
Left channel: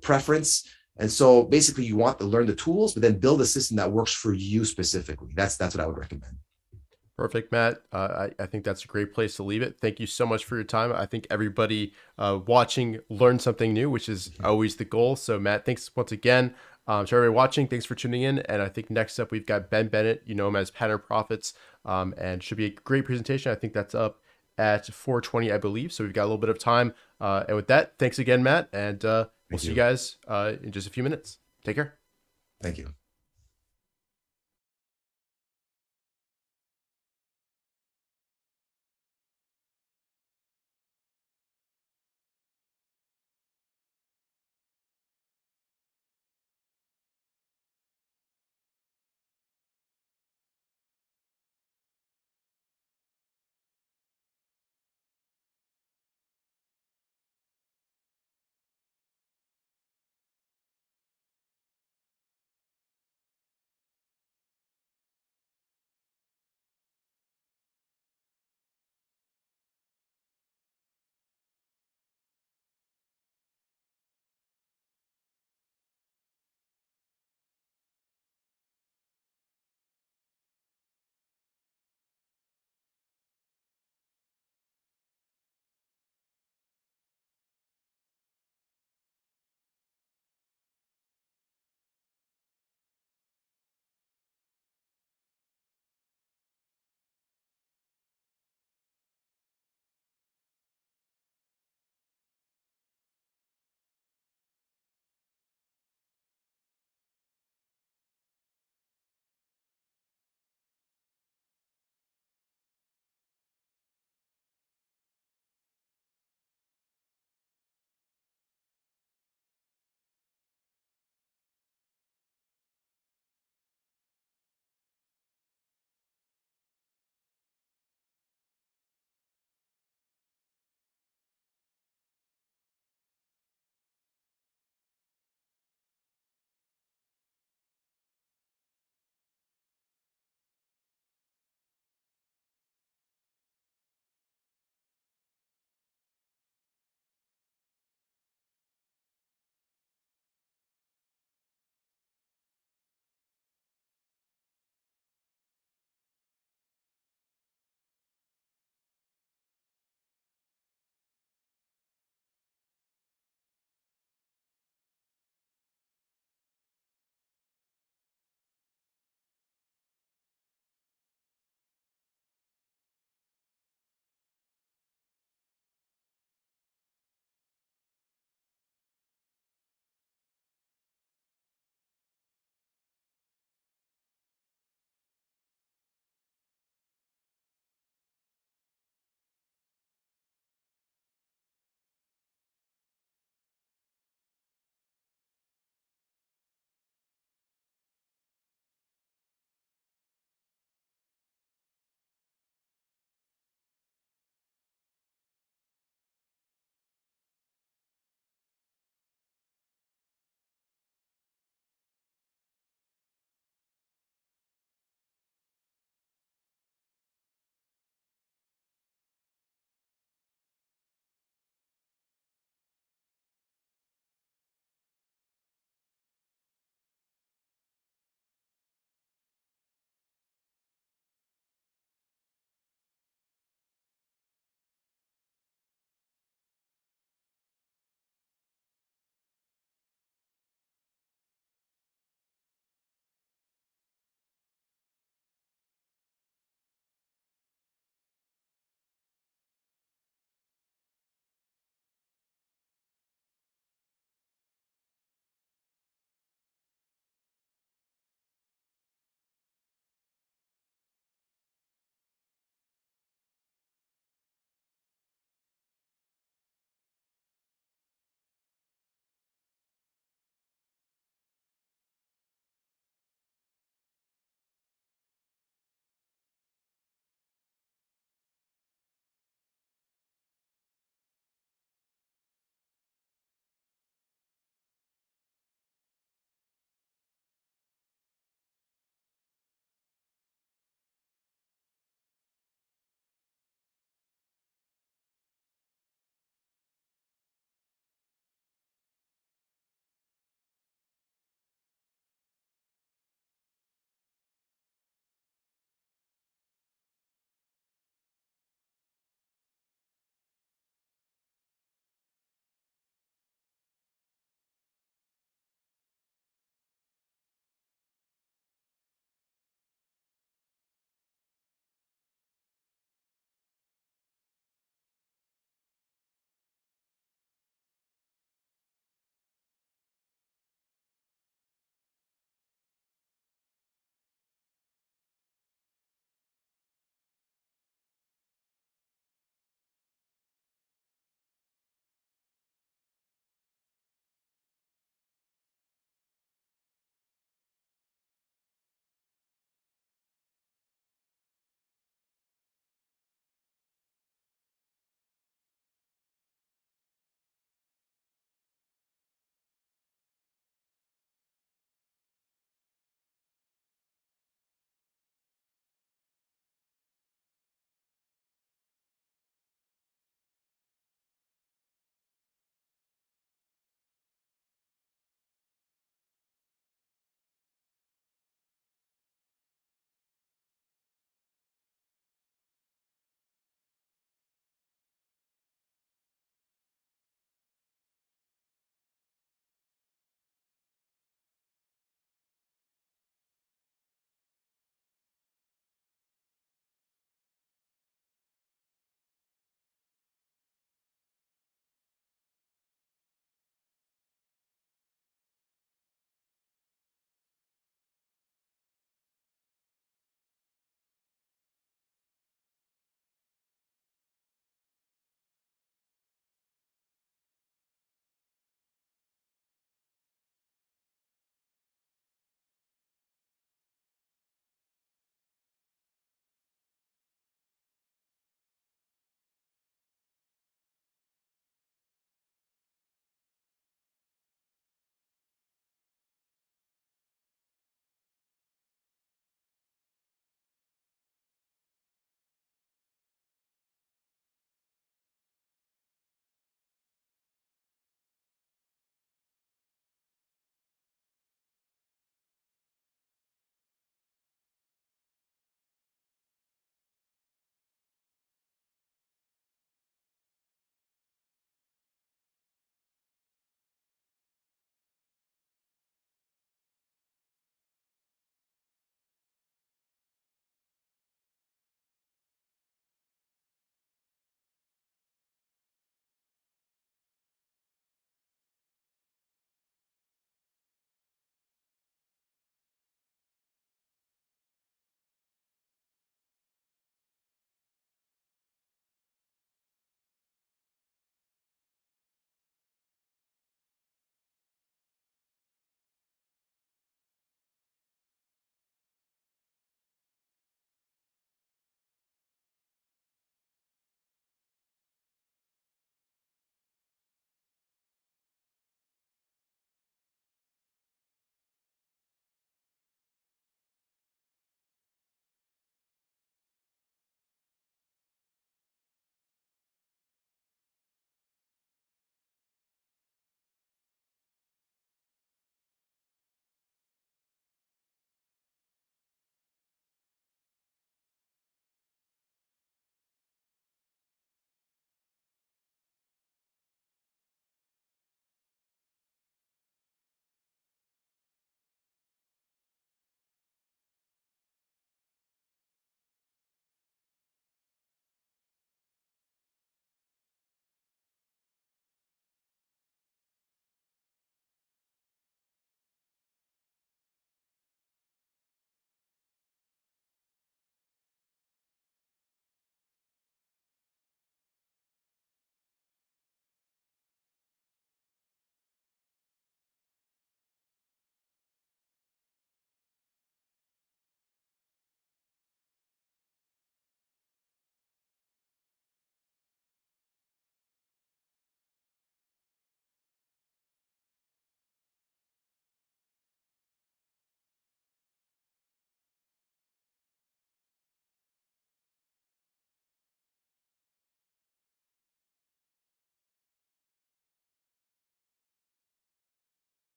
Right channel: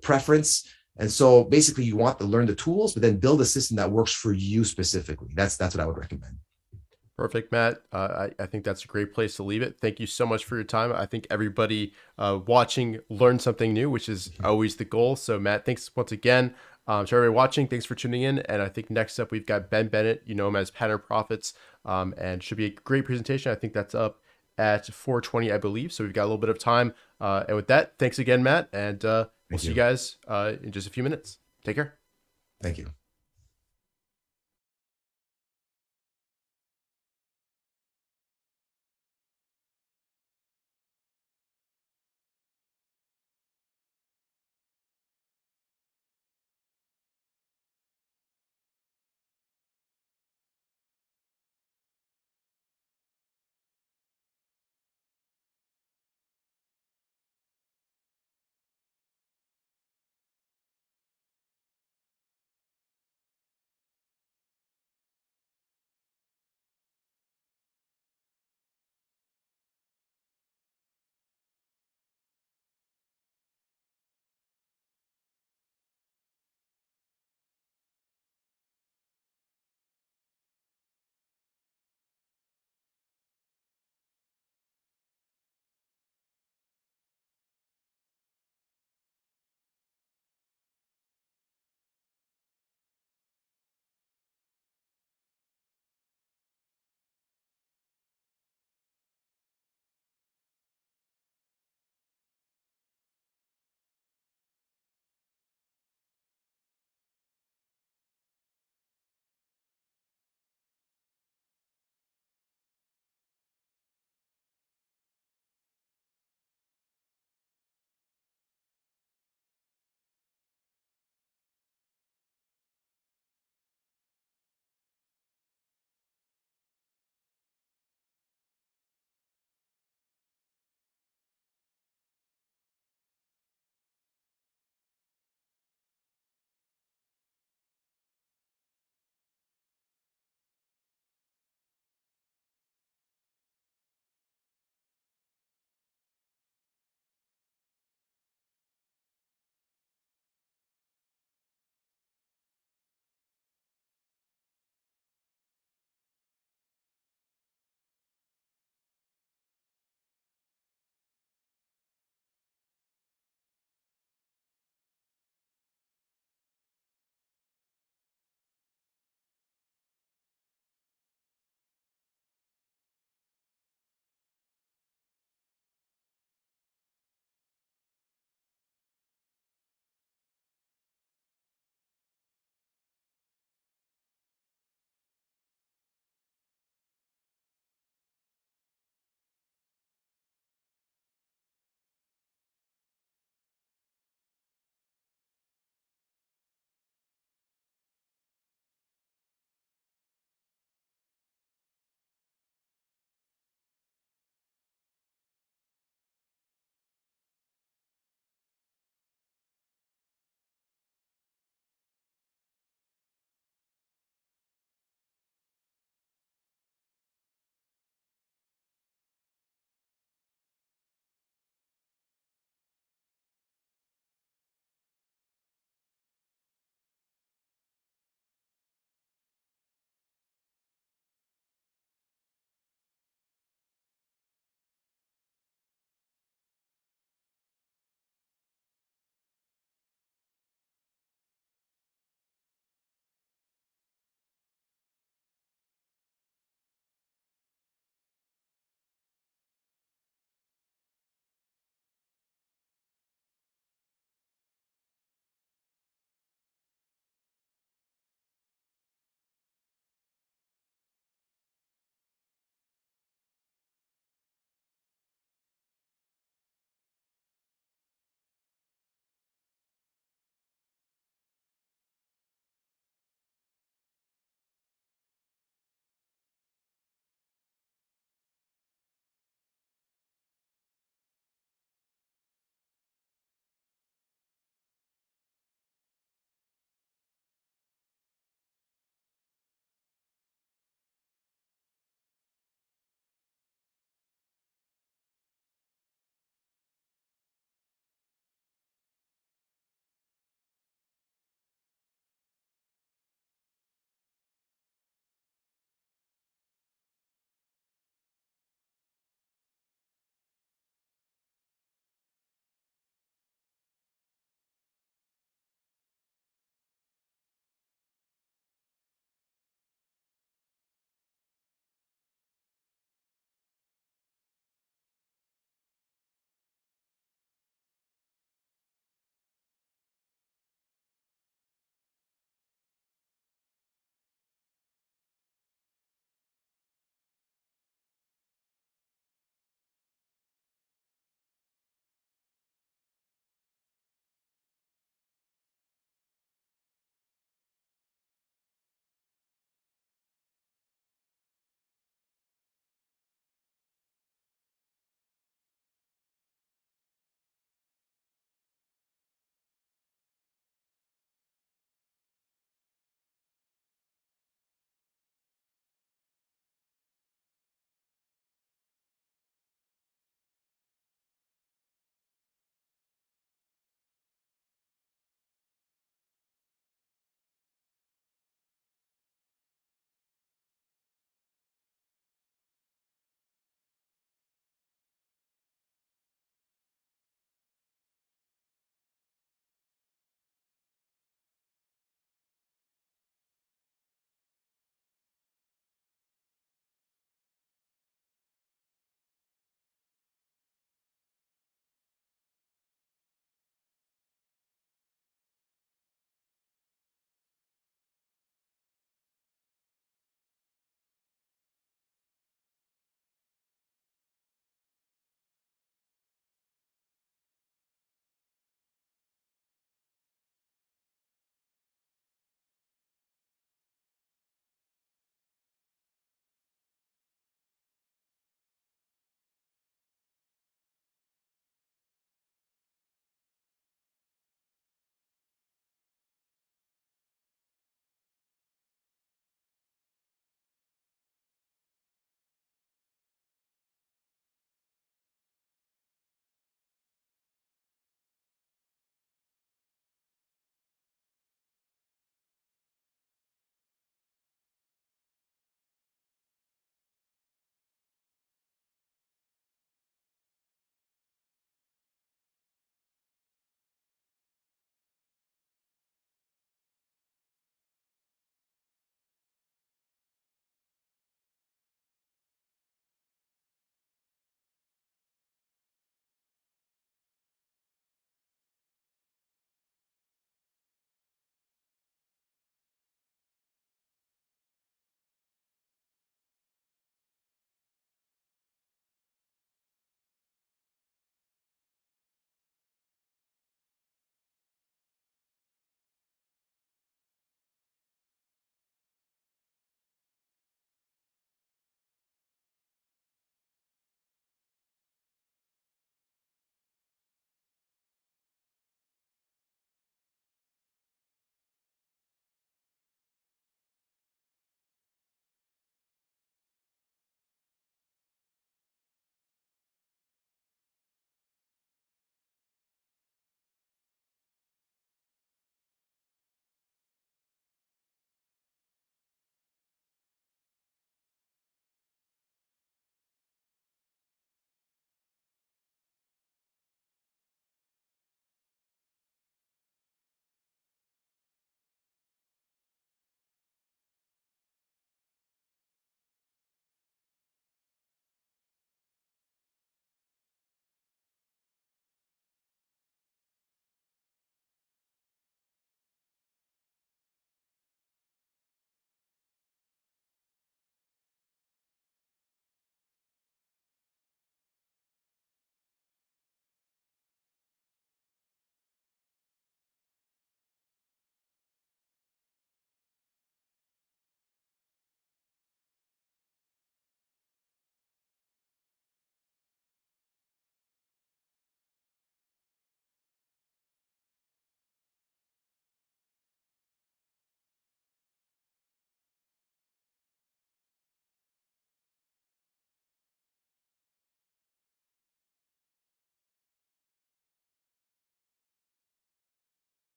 preference. And so basically you want to learn the tools, but then build a system that works for you specifically. That's what I would recommend. Perfect, Matt. I think that's a great place to leave it. Thank you so much for your time. I think everybody watching learned something new, which is always the goal. So Matt, thanks once again. To everybody watching, thanks for tuning in. And I think next up, we've got Bennett, you know him as Pattern Profits, and should be a great presentation. I think that's up at 4:20, I believe. So we've got a little bit of time. And with that, thanks again, Matt. And we'll see you guys in just a few minutes. Take care. Thank you.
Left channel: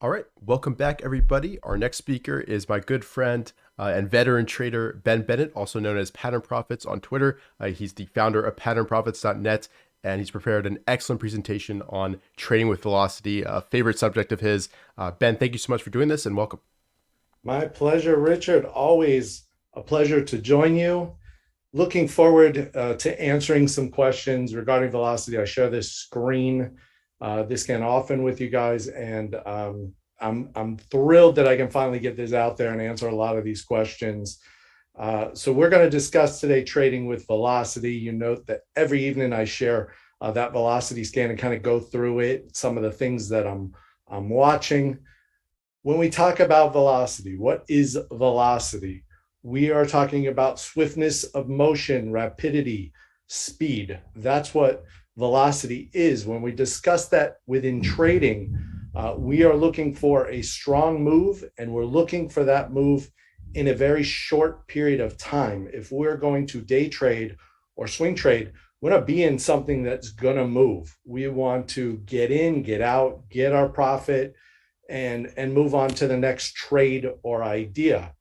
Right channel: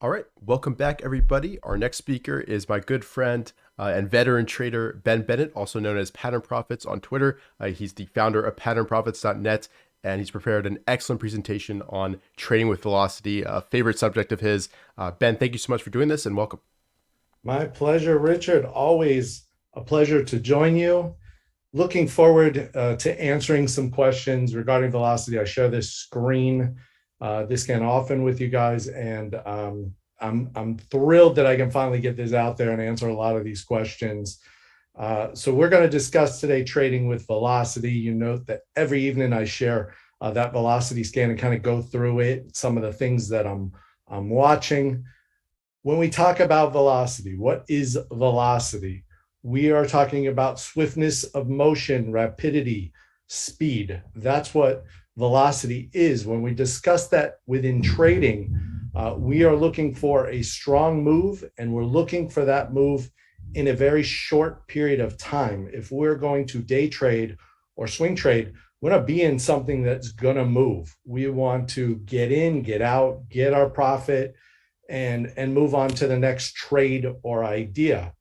All right, welcome back, everybody. Our next speaker is my good friend and veteran trader, Bennett, also known as Pattern Profits on Twitter. He's the founder of patternprofits.net, and he's prepared an excellent presentation on trading with velocity, a favorite subject of his. Ben, thank you so much for doing this, and welcome. My pleasure, Richard. Always a pleasure to join you. Looking forward to answering some questions regarding velocity. I share this screen this can often with you guys, and I'm thrilled that I can finally get this out there and answer a lot of these questions. So we're going to discuss today trading with velocity. You note that every evening I share that velocity scan and kind of go through it, some of the things that I'm watching. When we talk about velocity, what is velocity? We are talking about swiftness of motion, rapidity, speed. That's what velocity is. When we discuss that within trading, we are looking for a strong move, and we're looking for that move in a very short period of time. If we're going to day trade or swing trade, we want to be in something that's going to move. We want to get in, get out, get our profit, and move on to the next trade or idea.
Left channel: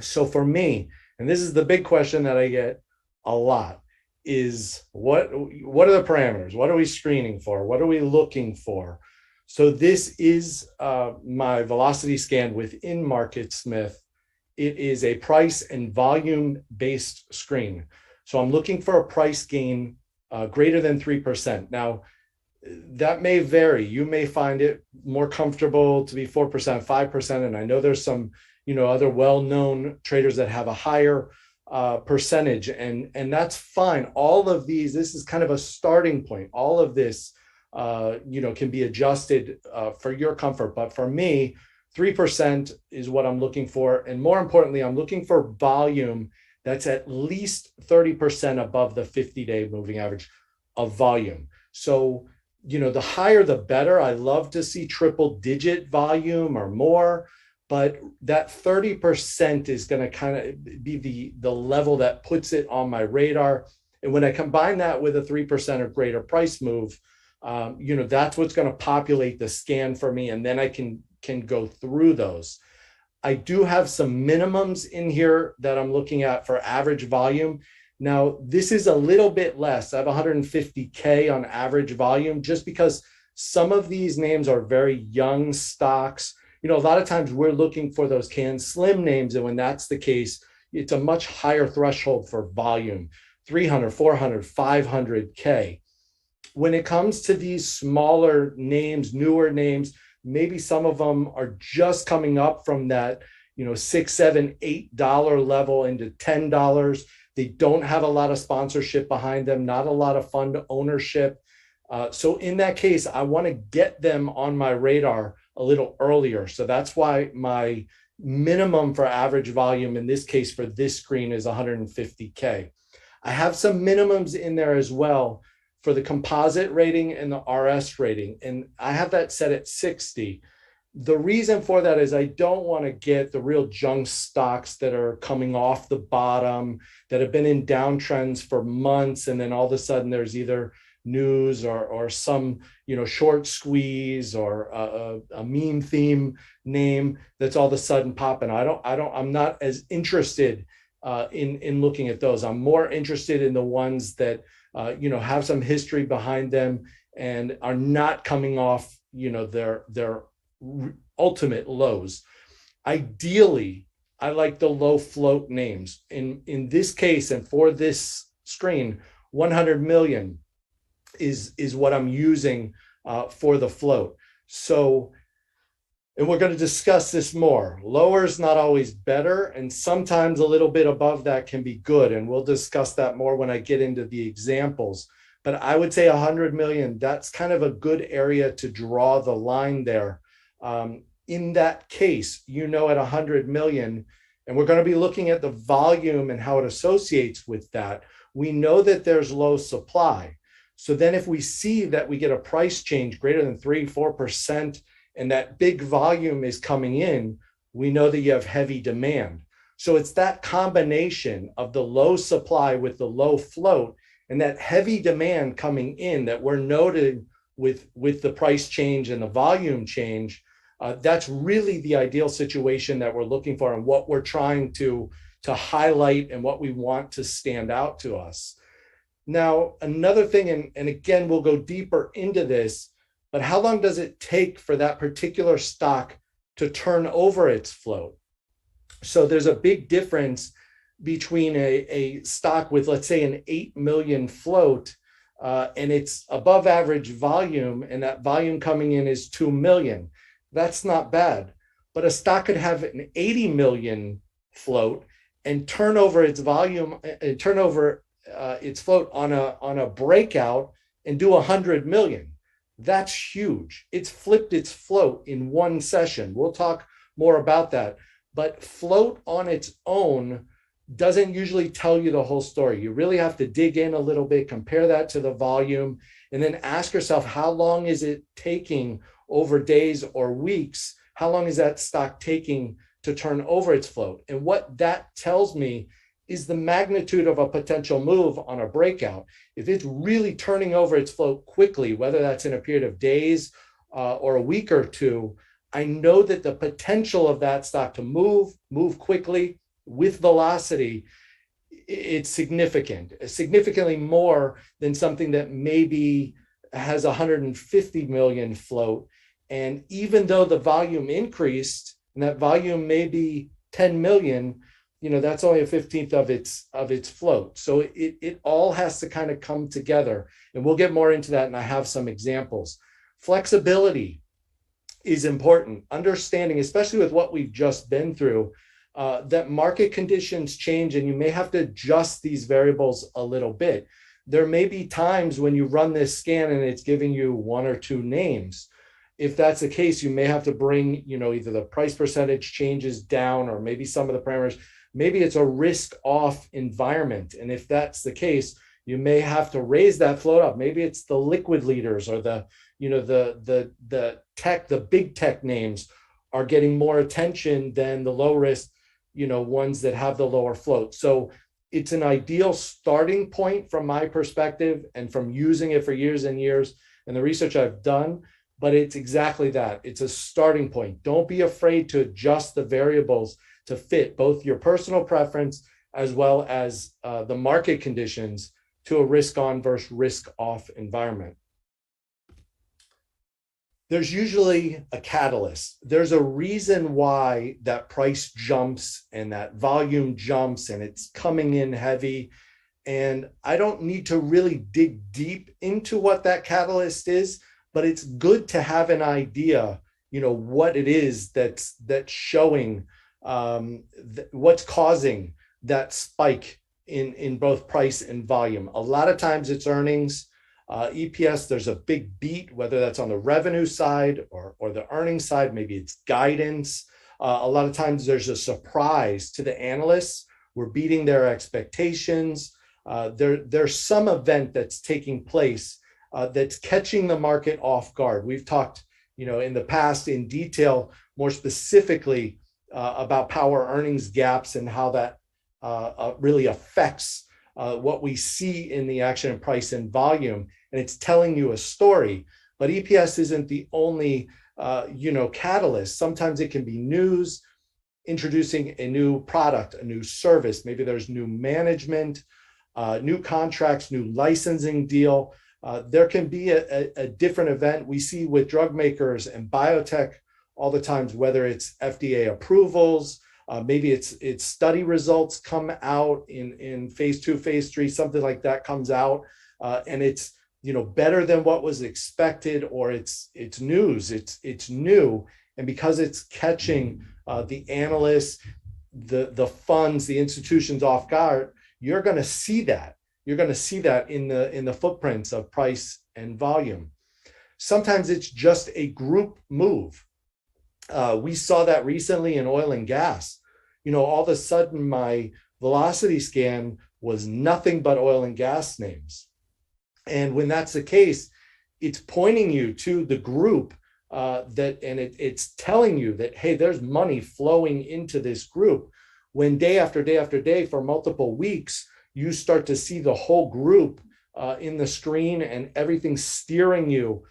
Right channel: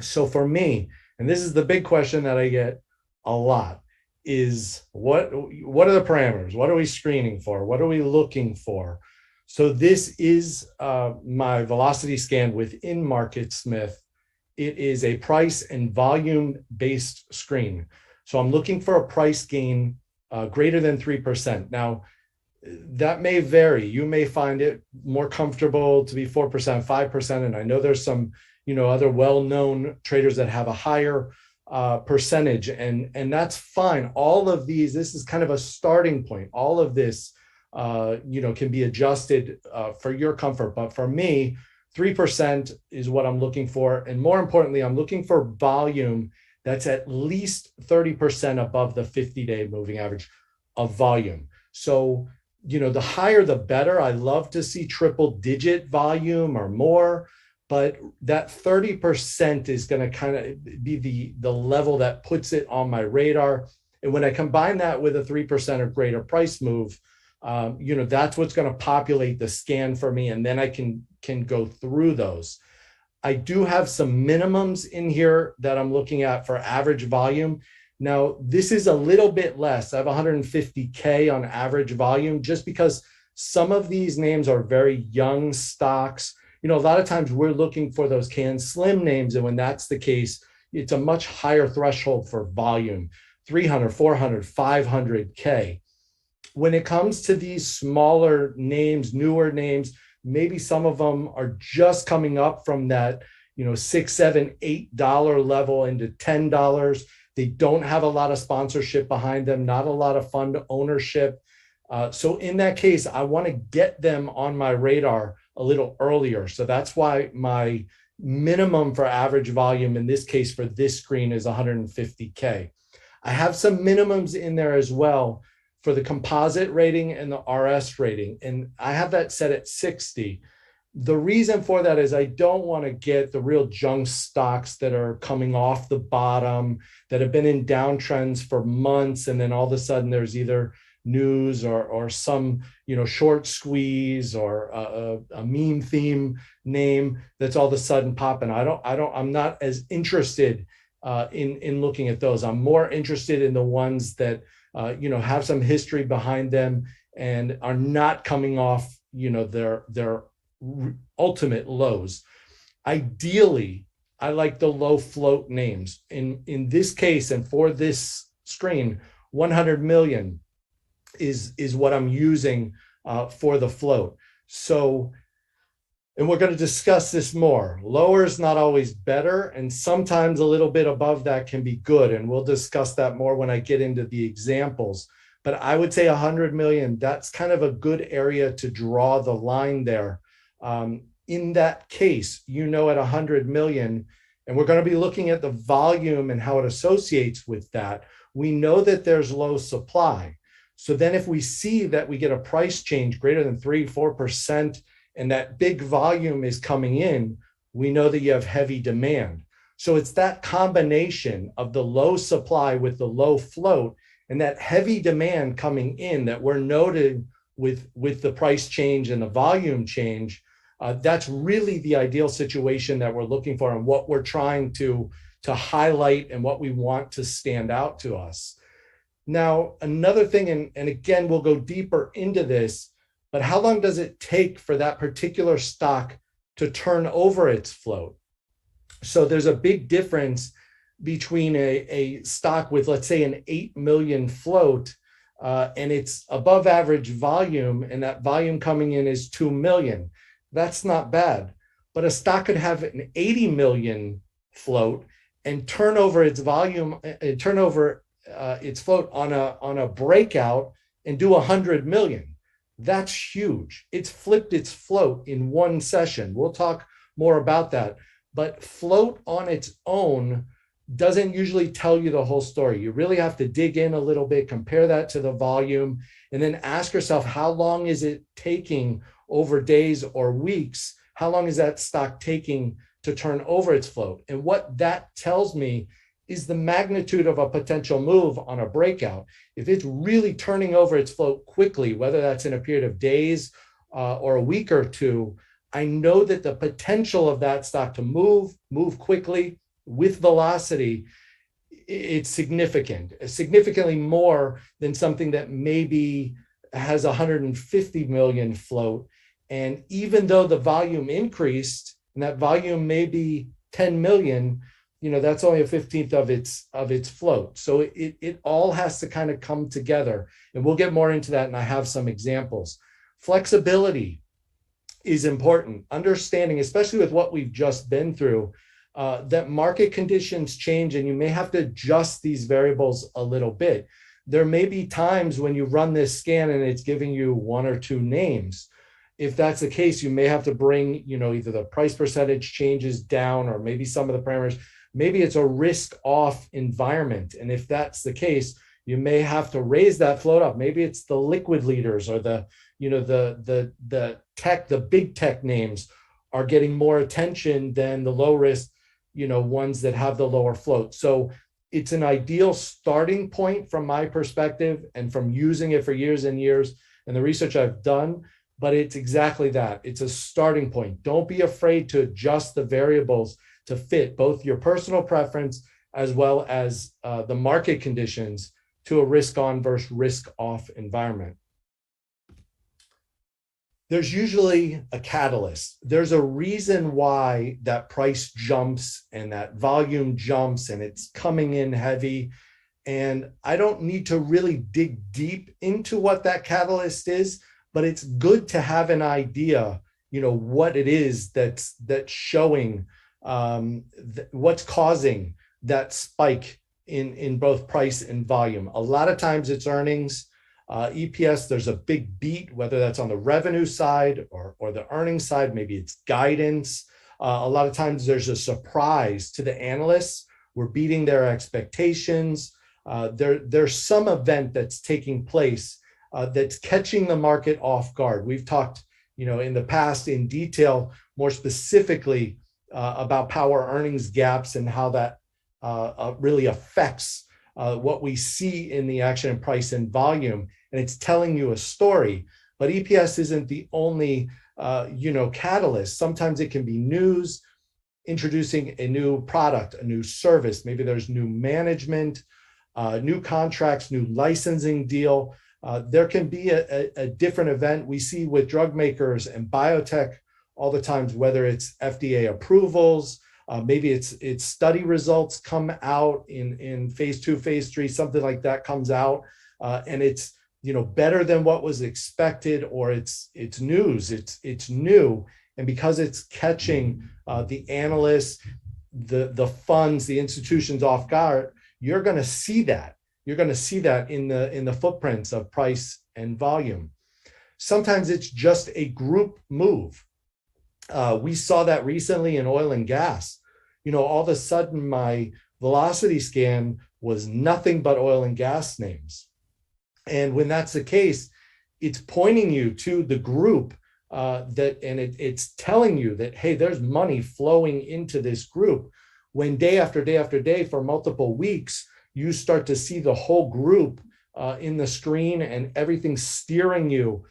So for me, and this is the big question that I get a lot, is what are the parameters? What are we screening for? What are we looking for? So this is my velocity scan within MarketSmith. It is a price and volume based screen. So I'm looking for a price gain greater than 3%. Now, that may vary. You may find it more comfortable to be 4%, 5%. And I know there's some, other well-known traders that have a higher percentage, and that's fine. All of these, this is kind of a starting point. All of this, can be adjusted for your comfort. But for me, 3% is what I'm looking for. And more importantly, I'm looking for volume that's at least 30% above the 50-day moving average of volume. So, the higher, the better. I love to see triple digit volume or more, but that 30% is going to kind of be the level that puts it on my radar. And when I combine that with a 3% or greater price move, that's what's going to populate the scan for me. And then I can go through those. I do have some minimums in here that I'm looking at for average volume. Now, this is a little bit less. I have 150K on average volume, just because some of these names are very young stocks. A lot of times we're looking for those can slim names. And when that's the case, it's a much higher threshold for volume, 300, 400, 500K. When it comes to these smaller names, newer names, maybe some of them are just coming up from that, $6, $7, $8 level into $10. They don't have a lot of sponsorship behind them, not a lot of fund ownership. So in that case, I want to get them on my radar a little earlier. So that's why my minimum for average volume in this case for this screen is 150K. I have some minimums in there as well for the composite rating and the RS rating, and I have that set at 60. The reason for that is I don't want to get the real junk stocks that are coming off the bottom, that have been in downtrends for months, and then all of a sudden there's either news or some short squeeze or a meme theme name that's all of a sudden popping. I'm not as interested in looking at those. I'm more interested in the ones that have some history behind them and are not coming off their ultimate lows. Ideally, I like the low float names. In this case, and for this screen, 100 million is what I'm using for the float. So, and we're going to discuss this more. Lower is not always better, and sometimes a little bit above that can be good. And we'll discuss that more when I get into the examples. But I would say 100 million, that's kind of a good area to draw the line there. In that case, at 100 million, and we're going to be looking at the volume and how it associates with that. We know that there's low supply. So then if we see that we get a price change greater than 3-4%, and that big volume is coming in, we know that you have heavy demand. So it's that combination of the low supply with the low float and that heavy demand coming in that we're noting with the price change and the volume change That's really the ideal situation that we're looking for and what we're trying to highlight and what we want to stand out to us. Now, another thing, and again, we'll go deeper into this, but how long does it take for that particular stock to turn over its float? So there's a big difference between a stock with, let's say, an 8 million float, and it's above average volume, and that volume coming in is 2 million. That's not bad. But a stock could have an 80 million float and turn over its volume, turn over its float on a breakout and do 100 million. That's huge. It's flipped its float in one session. We'll talk more about that. But float on its own doesn't usually tell you the whole story. You really have to dig in a little bit, compare that to the volume, and then ask yourself, how long is it taking over days or weeks? How long is that stock taking to turn over its float? And what that tells me is the magnitude of a potential move on a breakout. If it's really turning over its float quickly, whether that's in a period of days or a week or two, I know that the potential of that stock to move quickly with velocity, it's significant, significantly more than something that maybe has 150 million float. And even though the volume increased, and that volume may be 10 million, that's only a 15th of its float. So it all has to kind of come together. And we'll get more into that, and I have some examples. Flexibility is important. Understanding, especially with what we've just been through, that market conditions change and you may have to adjust these variables a little bit. There may be times when you run this scan and it's giving you one or two names. If that's the case, you may have to bring, either the price percentage changes down or maybe some of the parameters. Maybe it's a risk off environment. And if that's the case, you may have to raise that float up. Maybe it's the liquid leaders or the tech, the big tech names are getting more attention than the low risk, ones that have the lower float. So it's an ideal starting point from my perspective and from using it for years and years and the research I've done, but it's exactly that. It's a starting point. Don't be afraid to adjust the variables to fit both your personal preference as well as the market conditions to a risk on versus risk off environment. There's usually a catalyst. There's a reason why that price jumps and that volume jumps and it's coming in heavy. And I don't need to really dig deep into what that catalyst is, but it's good to have an idea, what it is that's showing what's causing that spike in both price and volume. A lot of times it's earnings. EPS, there's a big beat, whether that's on the revenue side or the earnings side, maybe it's guidance. A lot of times there's a surprise to the analysts. We're beating their expectations. There's some event that's taking place that's catching the market off guard. We've talked, in the past in detail, more specifically about power earnings gaps and how that really affects what we see in the action in price and volume, and it's telling you a story. But EPS isn't the only, catalyst. Sometimes it can be news, introducing a new product, a new service. Maybe there's new management, new contracts, new licensing deal. There can be a different event we see with drug makers and biotech all the times, whether it's FDA approvals, maybe it's study results come out in phase 2, phase 3, something like that comes out, and it's better than what was expected, or it's news, it's new, and because it's catching the analysts, the funds, the institutions off guard, you're going to see that. You're going to see that in the footprints of price and volume. Sometimes it's just a group move. We saw that recently in oil and gas. All of a sudden my velocity scan was nothing but oil and gas names. And when that's the case, it's pointing you to the group it's telling you that, hey, there's money flowing into this group. When day after day after day for multiple weeks, you start to see the whole group in the screen and everything steering you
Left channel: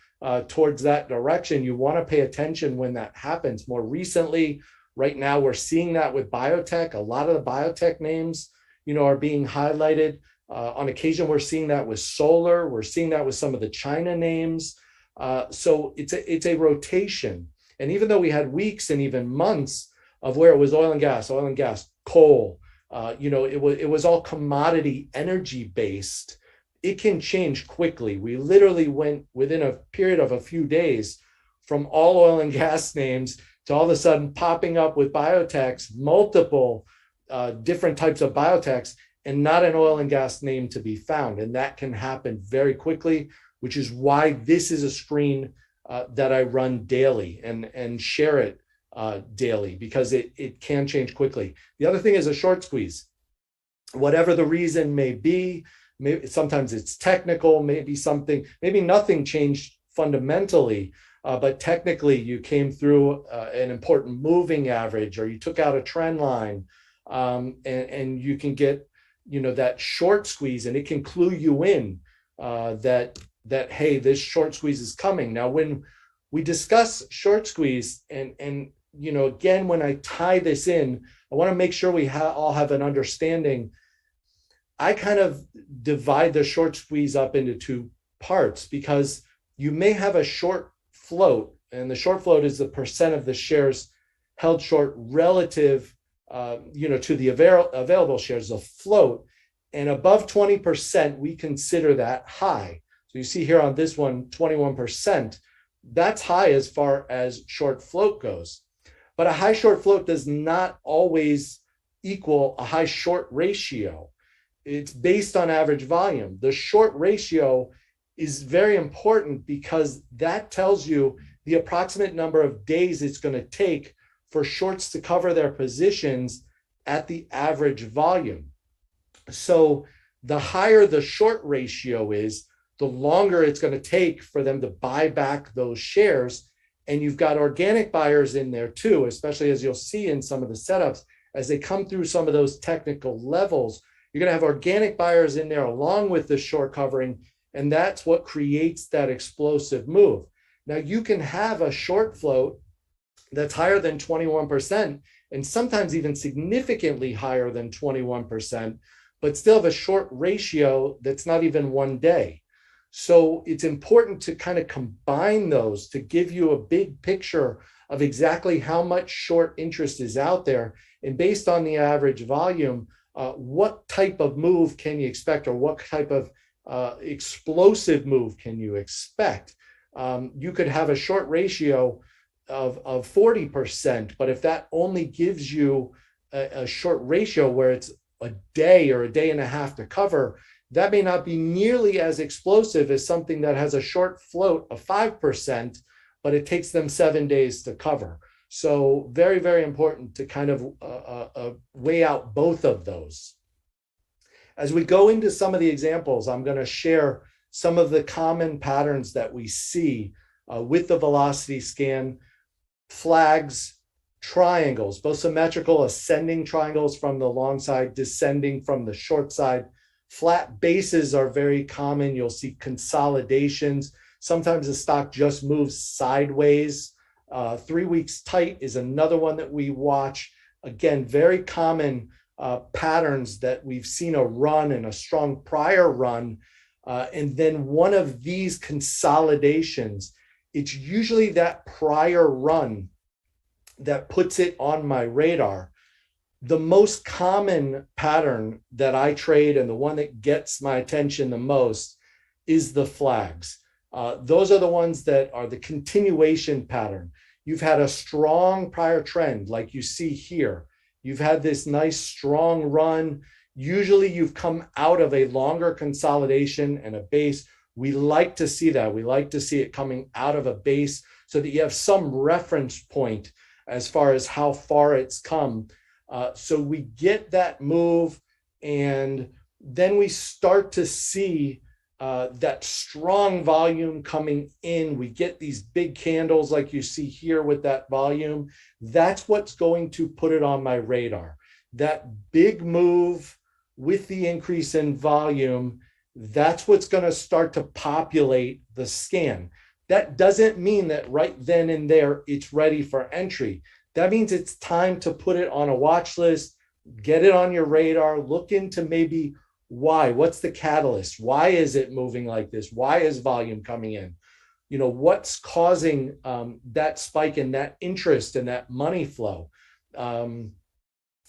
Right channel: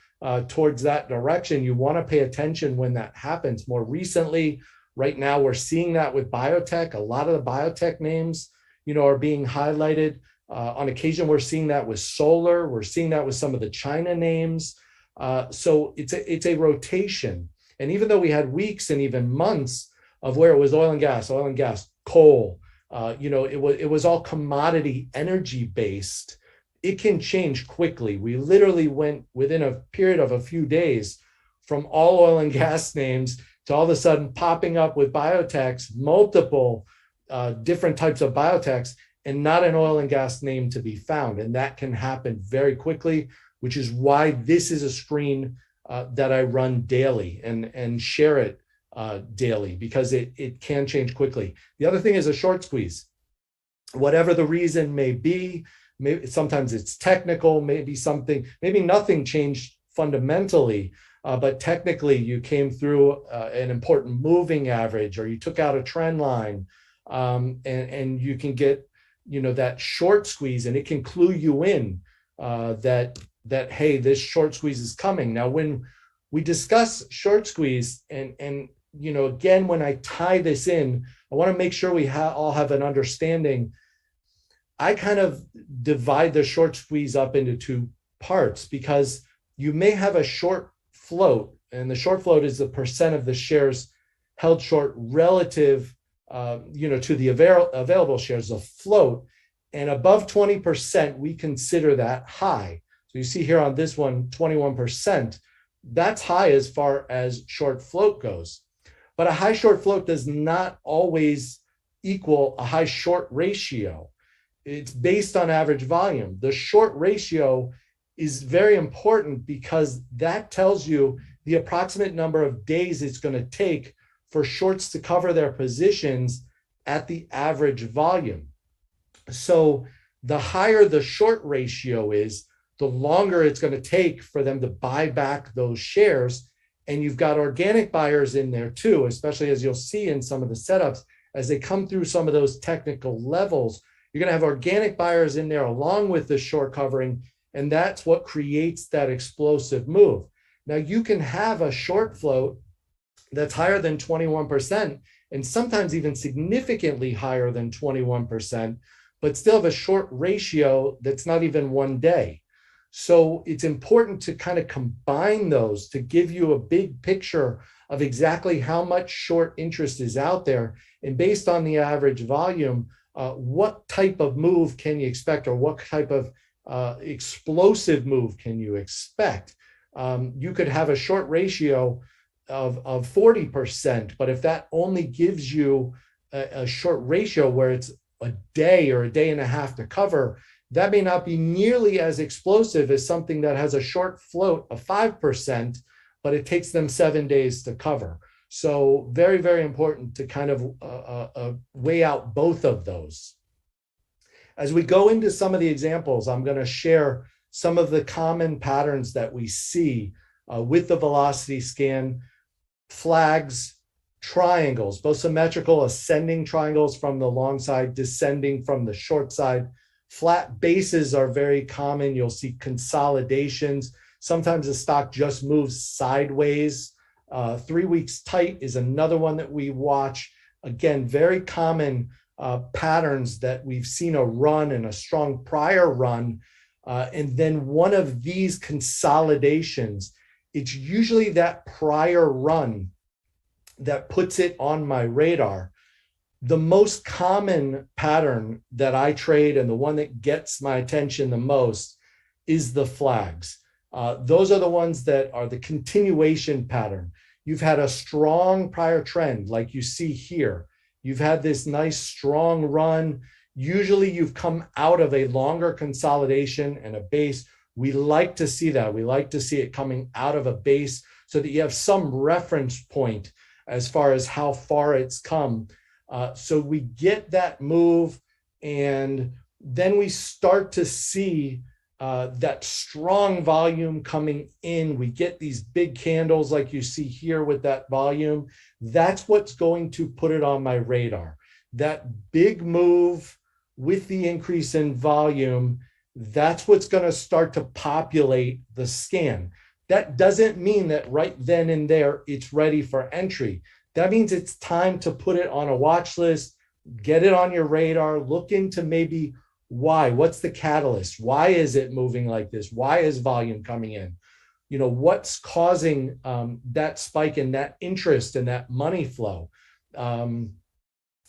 towards that direction. You want to pay attention when that happens. More recently, right now, we're seeing that with biotech. A lot of the biotech names, are being highlighted. On occasion, we're seeing that with solar. We're seeing that with some of the China names. So it's a rotation. And even though we had weeks and even months of where it was oil and gas, coal, it was all commodity energy based, it can change quickly. We literally went within a period of a few days from all oil and gas names to all of a sudden popping up with biotechs, multiple different types of biotechs, and not an oil and gas name to be found. And that can happen very quickly, which is why this is a screen that I run daily and share it daily, because it can change quickly. The other thing is a short squeeze. Whatever the reason may be, sometimes it's technical, maybe nothing changed fundamentally, but technically you came through an important moving average, or you took out a trend line, and you can get that short squeeze, and it can clue you in that hey, this short squeeze is coming. Now, when we discuss short squeeze, and again, when I tie this in, I want to make sure we all have an understanding. I kind of divide the short squeeze up into two parts, because you may have a short float, and the short float is the percent of the shares held short relative to the available shares, the float, and above 20%, we consider that high. So you see here on this one, 21%, that's high as far as short float goes. But a high short float does not always equal a high short ratio. It's based on average volume. The short ratio is very important because that tells you the approximate number of days it's going to take for shorts to cover their positions at the average volume. So the higher the short ratio is, the longer it's going to take for them to buy back those shares. And you've got organic buyers in there too, especially as you'll see in some of the setups, as they come through some of those technical levels, you're going to have organic buyers in there along with the short covering. And that's what creates that explosive move. Now you can have a short float that's higher than 21%, and sometimes even significantly higher than 21%, but still have a short ratio that's not even 1 day. So it's important to kind of combine those to give you a big picture of exactly how much short interest is out there. And based on the average volume, what type of move can you expect, or what type of explosive move can you expect? You could have a short ratio of 40%, but if that only gives you a short ratio where it's a day or a day and a half to cover, that may not be nearly as explosive as something that has a short float of 5%, but it takes them 7 days to cover. So very, very important to kind of weigh out both of those. As we go into some of the examples, I'm going to share some of the common patterns that we see with the velocity scan. Flags, triangles, both symmetrical ascending triangles from the long side, descending from the short side. Flat bases are very common. You'll see consolidations. Sometimes the stock just moves sideways. 3 weeks tight is another one that we watch. Again, very common patterns that we've seen a run and a strong prior run. And then one of these consolidations, it's usually that prior run that puts it on my radar. The most common pattern that I trade, and the one that gets my attention the most, is the flags. Those are the ones that are the continuation pattern. You've had a strong prior trend, like you see here. You've had this nice strong run. Usually you've come out of a longer consolidation and a base. We like to see that. We like to see it coming out of a base so that you have some reference point as far as how far it's come. So we get that move, and then we start to see that strong volume coming in. We get these big candles like you see here with that volume. That's what's going to put it on my radar. That big move with the increase in volume, that's what's going to start to populate the scan. that doesn't mean that right then and there it's ready for entry. That means it's time to put it on a watch list, get it on your radar, look into maybe why, what's the catalyst? Why is it moving like this? Why is volume coming in? You know, what's causing that spike in that interest and that money flow?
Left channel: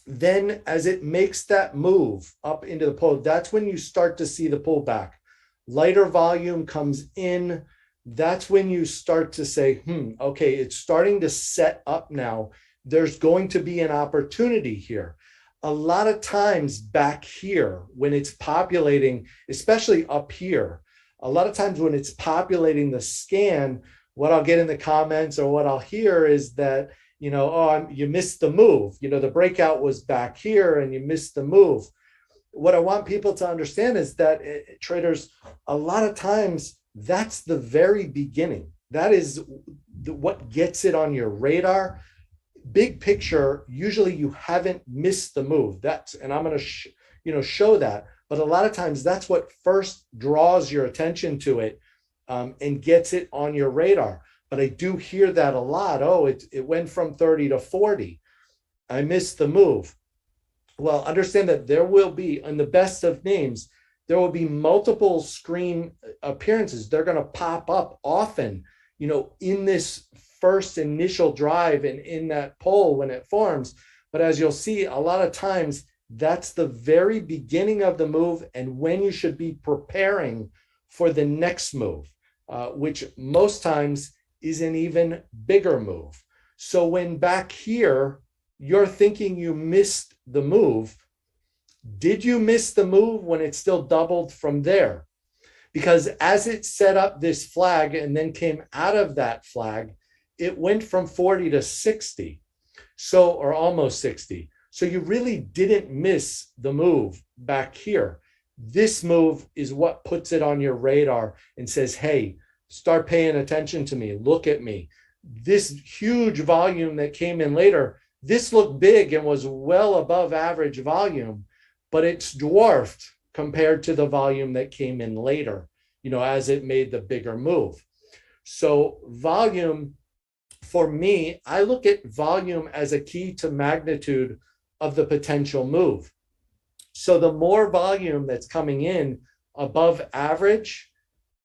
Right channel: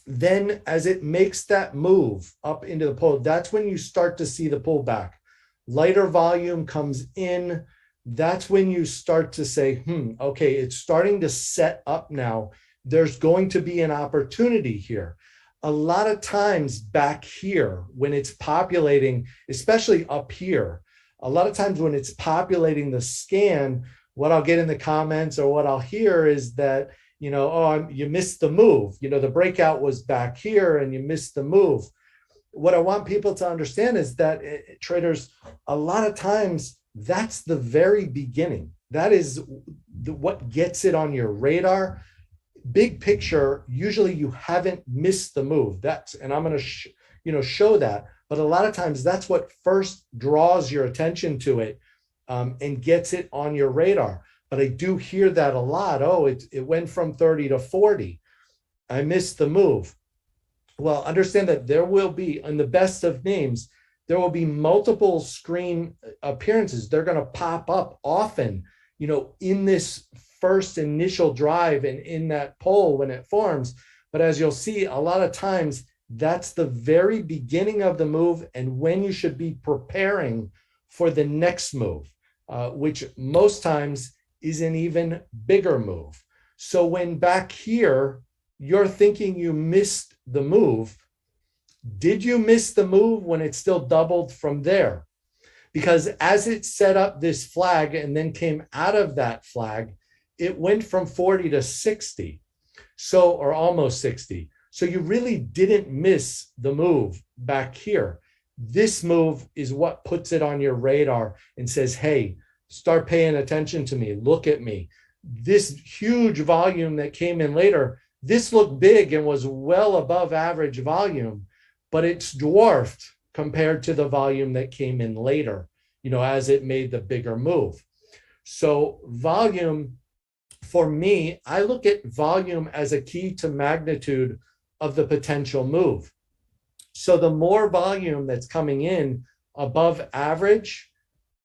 Then as it makes that move up into the pull, that's when you start to see the pullback. Lighter volume comes in. That's when you start to say, okay, it's starting to set up now. There's going to be an opportunity here. A lot of times back here, when it's populating, especially up here, a lot of times when it's populating the scan, what I'll get in the comments or what I'll hear is that, you know, oh, you missed the move. You know, the breakout was back here and you missed the move. What I want people to understand is that traders, a lot of times, that's the very beginning. That is what gets it on your radar. Big picture, usually you haven't missed the move. And I'm going to show that. But a lot of times that's what first draws your attention to it and gets it on your radar. But I do hear that a lot. Oh, it went from 30 to 40. I missed the move. Well, understand that there will be, in the best of names, there will be multiple screen appearances. They're going to pop up often, you know, in this first initial drive and in that poll when it forms. But as you'll see, a lot of times that's the very beginning of the move and when you should be preparing for the next move, which most times is an even bigger move. So when back here, you're thinking you missed the move, did you miss the move when it still doubled from there? Because as it set up this flag and then came out of that flag, it went from 40 to 60, so, or almost 60. So you really didn't miss the move back here. This move is what puts it on your radar and says, hey, start paying attention to me. Look at me. This huge volume that came in later, this looked big and was well above average volume, but it's dwarfed compared to the volume that came in later, you know, as it made the bigger move. So volume, for me, I look at volume as a key to magnitude of the potential move. So the more volume that's coming in above average,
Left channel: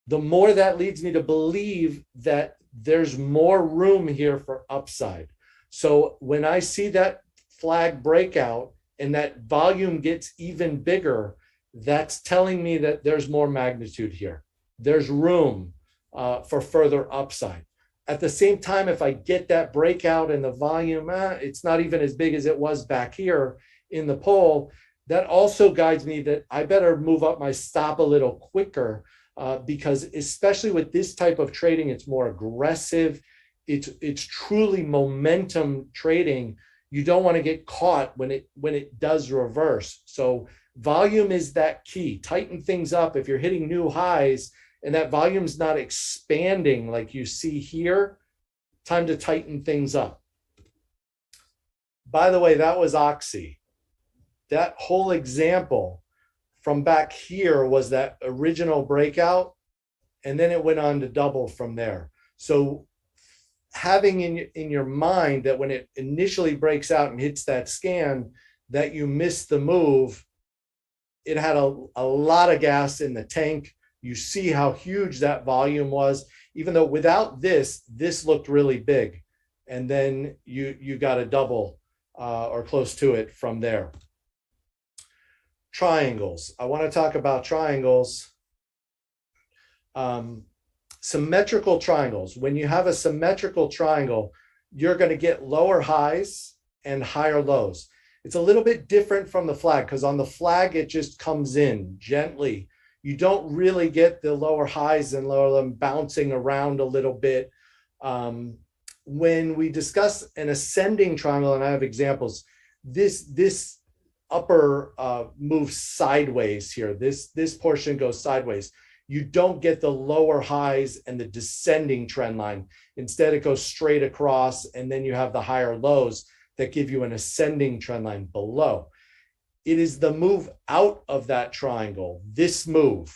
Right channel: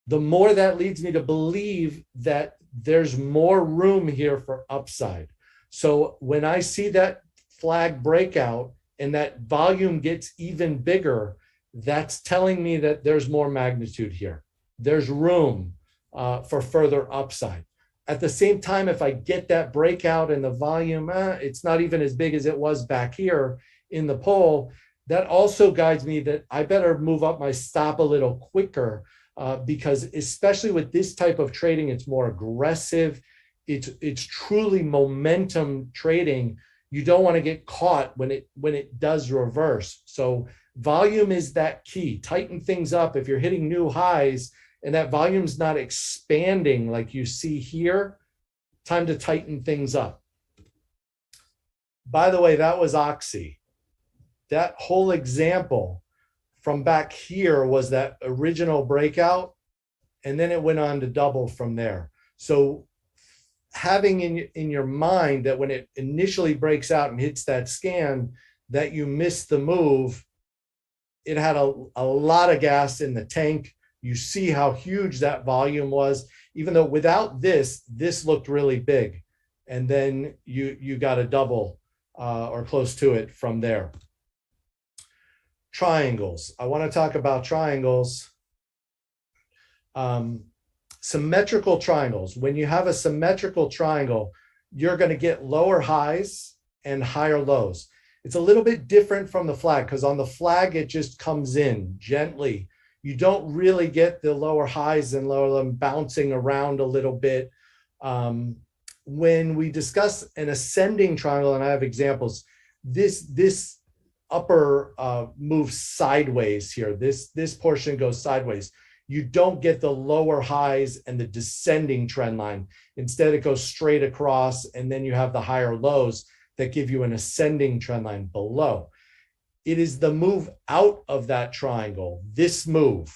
the more that leads me to believe that there's more room here for upside. So when I see that flag breakout and that volume gets even bigger, that's telling me that there's more magnitude here. There's room for further upside. At the same time, if I get that breakout and the volume, it's not even as big as it was back here in the poll, that also guides me that I better move up my stop a little quicker because especially with this type of trading, it's more aggressive. It's truly momentum trading. You don't want to get caught when it does reverse. So volume is that key. Tighten things up. If you're hitting new highs and that volume's not expanding like you see here, time to tighten things up. By the way, that was Oxy. That whole example from back here was that original breakout, and then it went on to double from there. So having in your mind that when it initially breaks out and hits that scan, that you missed the move, it had a lot of gas in the tank. You see how huge that volume was, even though without this looked really big. And then you got a double or close to it from there. Triangles. I want to talk about triangles. Symmetrical triangles. When you have a symmetrical triangle, you're going to get lower highs and higher lows. It's a little bit different from the flag because on the flag, it just comes in gently. You don't really get the lower highs and lower them bouncing around a little bit. When we discuss an ascending triangle, and I have examples, this upper moves sideways here. This portion goes sideways. You don't get the lower highs and the descending trend line. Instead, it goes straight across, and then you have the higher lows that give you an ascending trend line below. It is the move out of that triangle, this move.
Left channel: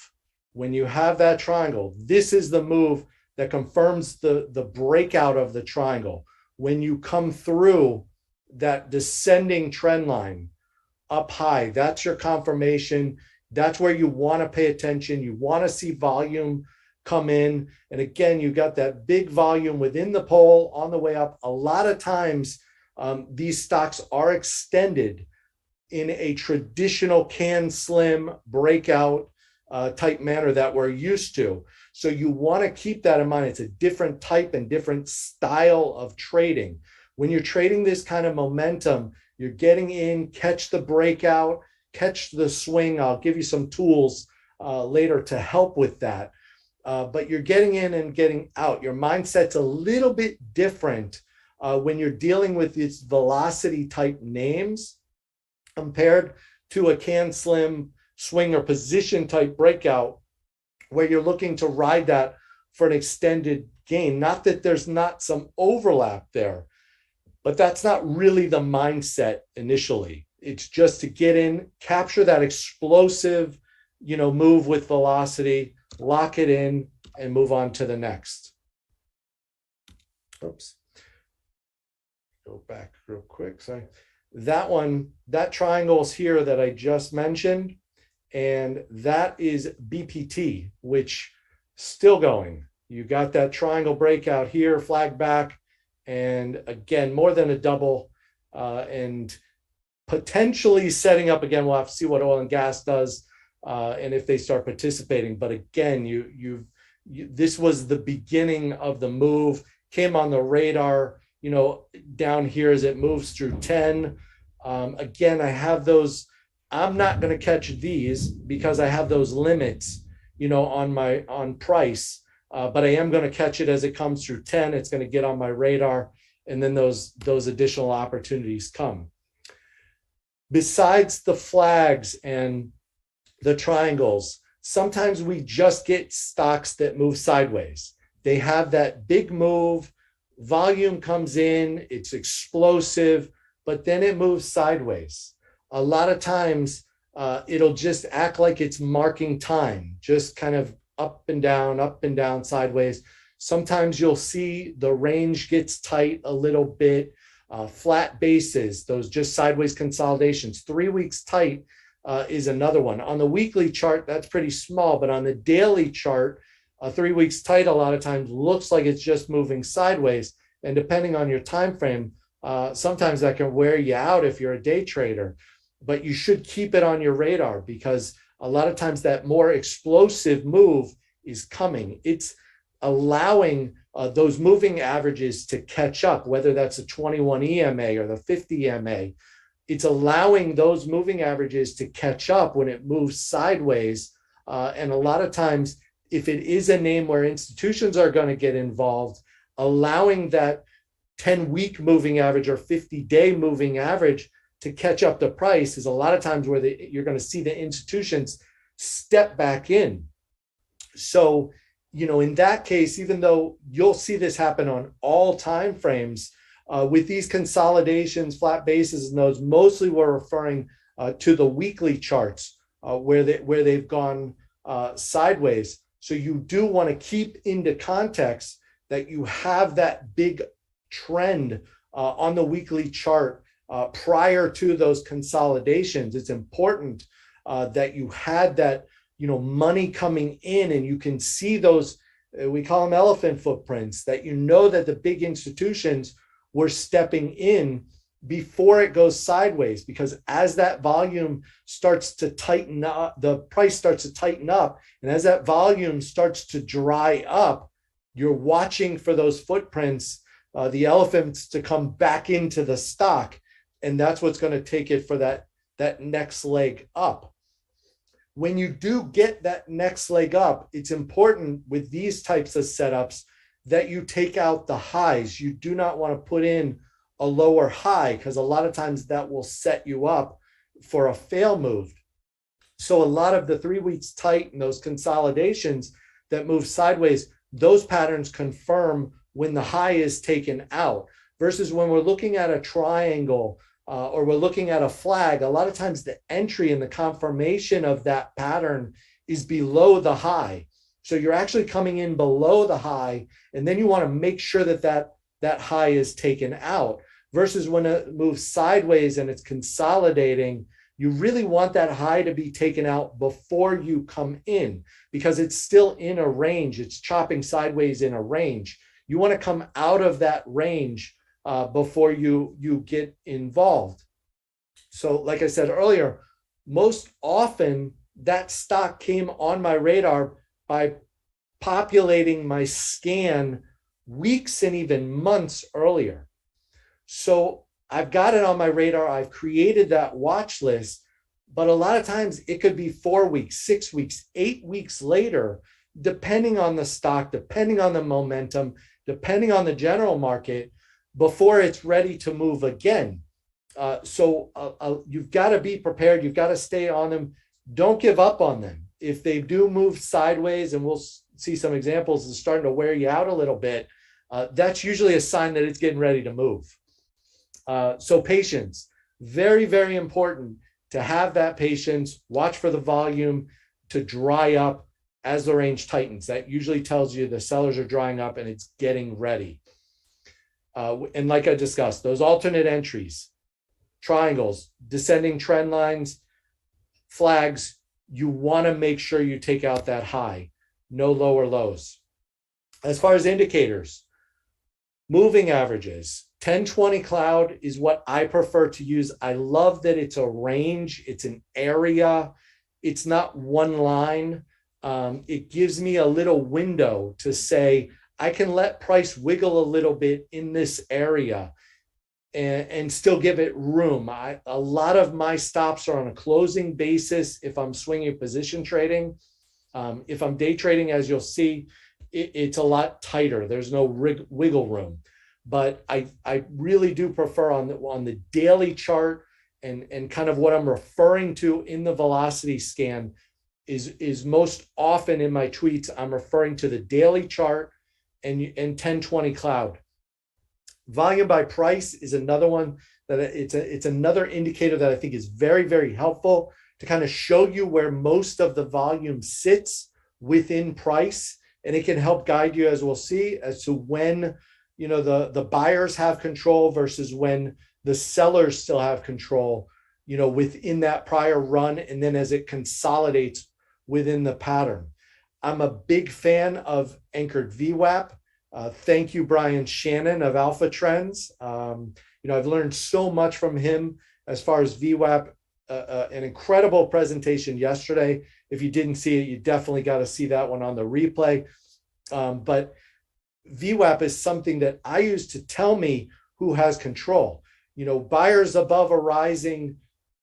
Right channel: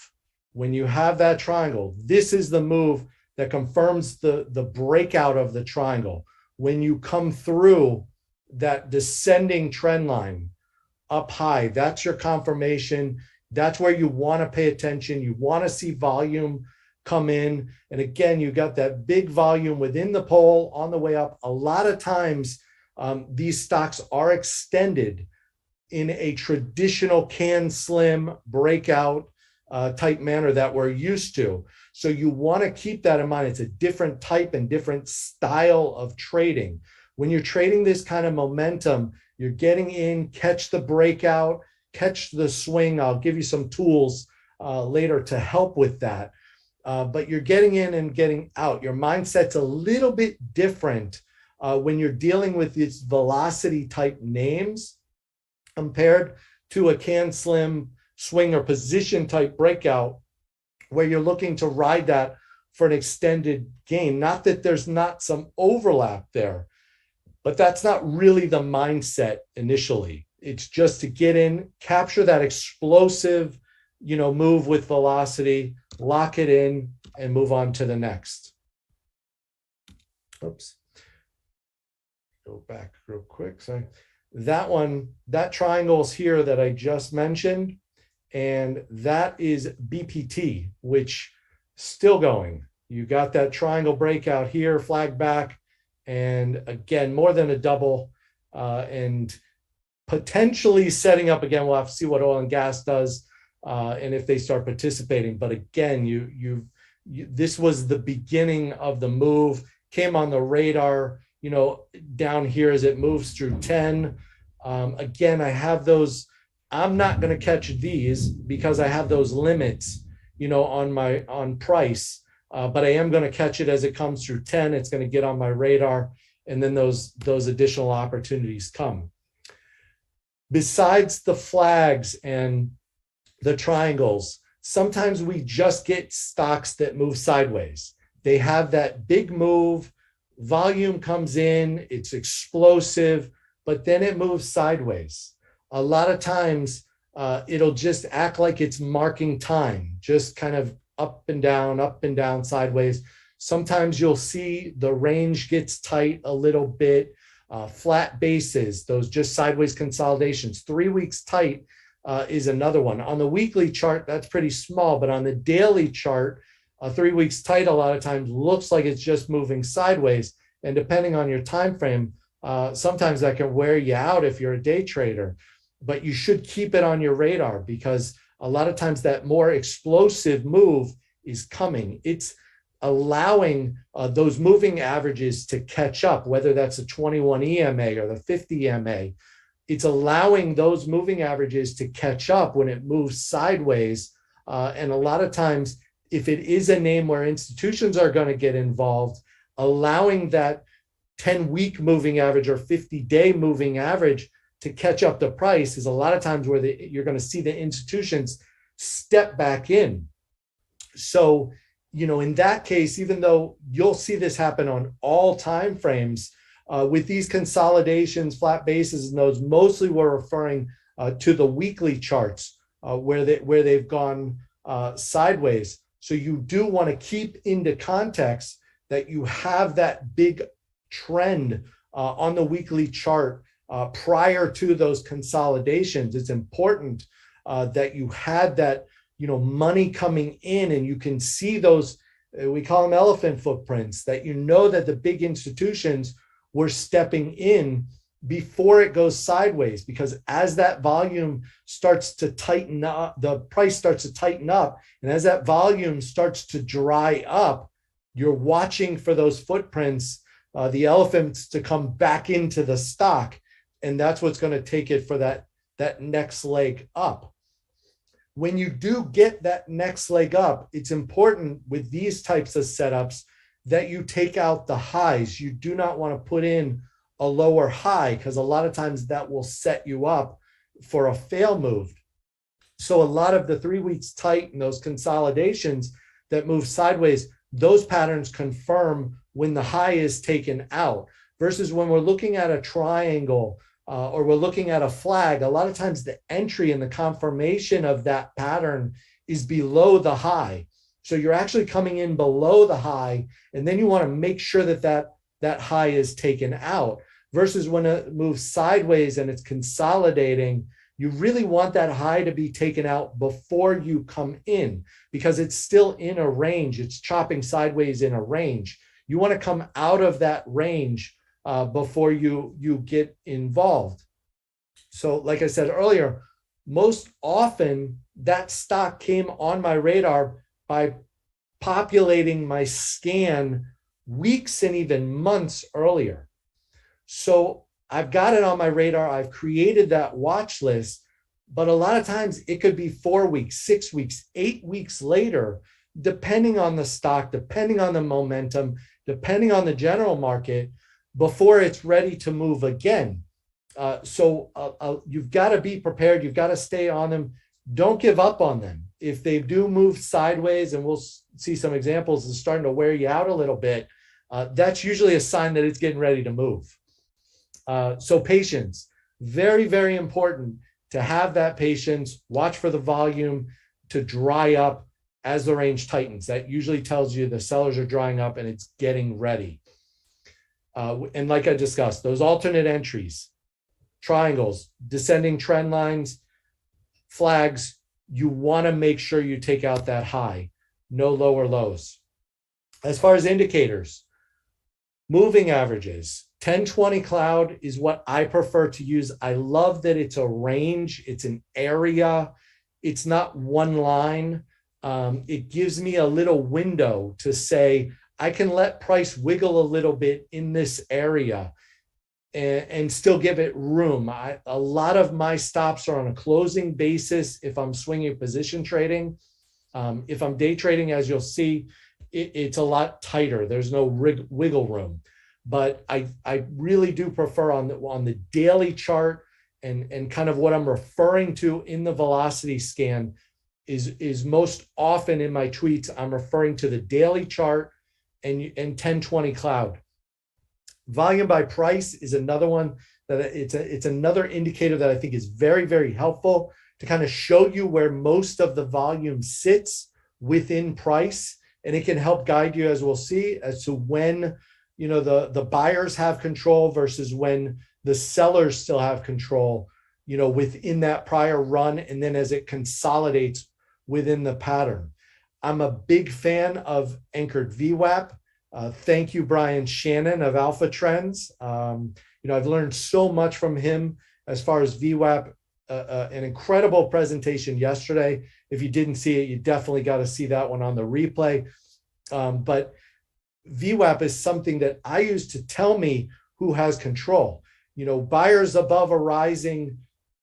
When you have that triangle, this is the move that confirms the breakout of the triangle. When you come through that descending trend line up high, that's your confirmation. That's where you want to pay attention. You want to see volume come in. And again, you got that big volume within the pole on the way up. A lot of times, these stocks are extended in a traditional can slim breakout type manner that we're used to. So you want to keep that in mind. It's a different type and different style of trading. When you're trading this kind of momentum, you're getting in, catch the breakout, catch the swing. I'll give you some tools later to help with that. But you're getting in and getting out. Your mindset's a little bit different when you're dealing with these velocity type names compared to a can slim swing or position type breakout where you're looking to ride that for an extended gain. Not that there's not some overlap there, but that's not really the mindset initially. It's just to get in, capture that explosive, move with velocity, lock it in, and move on to the next. Oops. Go back real quick. Sorry. That one, that triangle's here that I just mentioned, and that is BPT, which still going. You got that triangle breakout here, flag back, and again, more than a double, and potentially setting up again. We'll have to see what oil and gas does, and if they start participating. But again, this was the beginning of the move. Came on the radar, down here as it moves through 10. Again, I have those. I'm not going to catch these because I have those limits, on price. But I am going to catch it as it comes through 10. It's going to get on my radar, and then those additional opportunities come. Besides the flags and the triangles, sometimes we just get stocks that move sideways. They have that big move, volume comes in, it's explosive, but then it moves sideways. A lot of times it'll just act like it's marking time, just kind of up and down, sideways. Sometimes you'll see the range gets tight a little bit. Flat bases, those just sideways consolidations. 3 weeks tight is another one. On the weekly chart, that's pretty small, but on the daily chart, 3 weeks tight a lot of times looks like it's just moving sideways. And depending on your time frame, sometimes that can wear you out if you're a day trader. But you should keep it on your radar because a lot of times that more explosive move is coming. It's allowing those moving averages to catch up, whether that's a 21 EMA or the 50 EMA. It's allowing those moving averages to catch up when it moves sideways. And a lot of times, if it is a name where institutions are going to get involved, allowing that 10-week moving average or 50-day moving average to catch up the price is a lot of times where you're going to see the institutions step back in. So, in that case, even though you'll see this happen on all time frames, with these consolidations, flat bases, and those, mostly we're referring to the weekly charts where they've gone sideways. So you do want to keep into context that you have that big trend on the weekly chart prior to those consolidations. It's important that you had that, money coming in, and you can see those, we call them elephant footprints, that that the big institutions were stepping in before it goes sideways, because as that volume starts to tighten up, the price starts to tighten up, and as that volume starts to dry up, you're watching for those footprints, the elephants, to come back into the stock, and that's what's going to take it for that next leg up. When you do get that next leg up, it's important with these types of setups that you take out the highs. You do not want to put in a lower high, because a lot of times that will set you up for a fail move. So a lot of the 3 weeks tight and those consolidations that move sideways, those patterns confirm when the high is taken out, versus when we're looking at a triangle or we're looking at a flag. A lot of times the entry and the confirmation of that pattern is below the high. So you're actually coming in below the high, and then you want to make sure that that high is taken out, versus when it moves sideways and it's consolidating, you really want that high to be taken out before you come in, because it's still in a range. It's chopping sideways in a range. You want to come out of that range before you get involved. So like I said earlier, most often that stock came on my radar by populating my scan weeks and even months earlier. So I've got it on my radar. I've created that watch list, but a lot of times it could be 4 weeks, 6 weeks, 8 weeks later, depending on the stock, depending on the momentum, depending on the general market, before it's ready to move again. So you've got to be prepared. You've got to stay on them. Don't give up on them. If they do move sideways, and we'll see some examples, is starting to wear you out a little bit, that's usually a sign that it's getting ready to move. So patience, very, very important to have that patience. Watch for the volume to dry up as the range tightens. That usually tells you the sellers are drying up and it's getting ready. And like I discussed, those alternate entries, triangles, descending trend lines, flags, you want to make sure you take out that high, no lower lows. As far as indicators, moving averages, 10-20 cloud is what I prefer to use. I love that it's a range, it's an area, it's not one line. It gives me a little window to say, I can let price wiggle a little bit in this area and still give it room. A lot of my stops are on a closing basis if I'm swinging position trading. If I'm day trading, as you'll see, it's a lot tighter. There's no wiggle room. But I really do prefer on the daily chart, and kind of what I'm referring to in the velocity scan is most often in my tweets, I'm referring to the daily chart and 10-20 cloud. Volume by price is another one that it's another indicator that I think is very, very helpful to kind of show you where most of the volume sits within price. And it can help guide you, as we'll see, as to when, you know, the buyers have control versus when the sellers still have control, you know, within that prior run, and then as it consolidates within the pattern. I'm a big fan of anchored VWAP. Thank you, Brian Shannon of Alpha Trends. You know, I've learned so much from him as far as VWAP. An incredible presentation yesterday. If you didn't see it, you definitely got to see that one on the replay. But VWAP is something that I use to tell me who has control. You know, buyers above a rising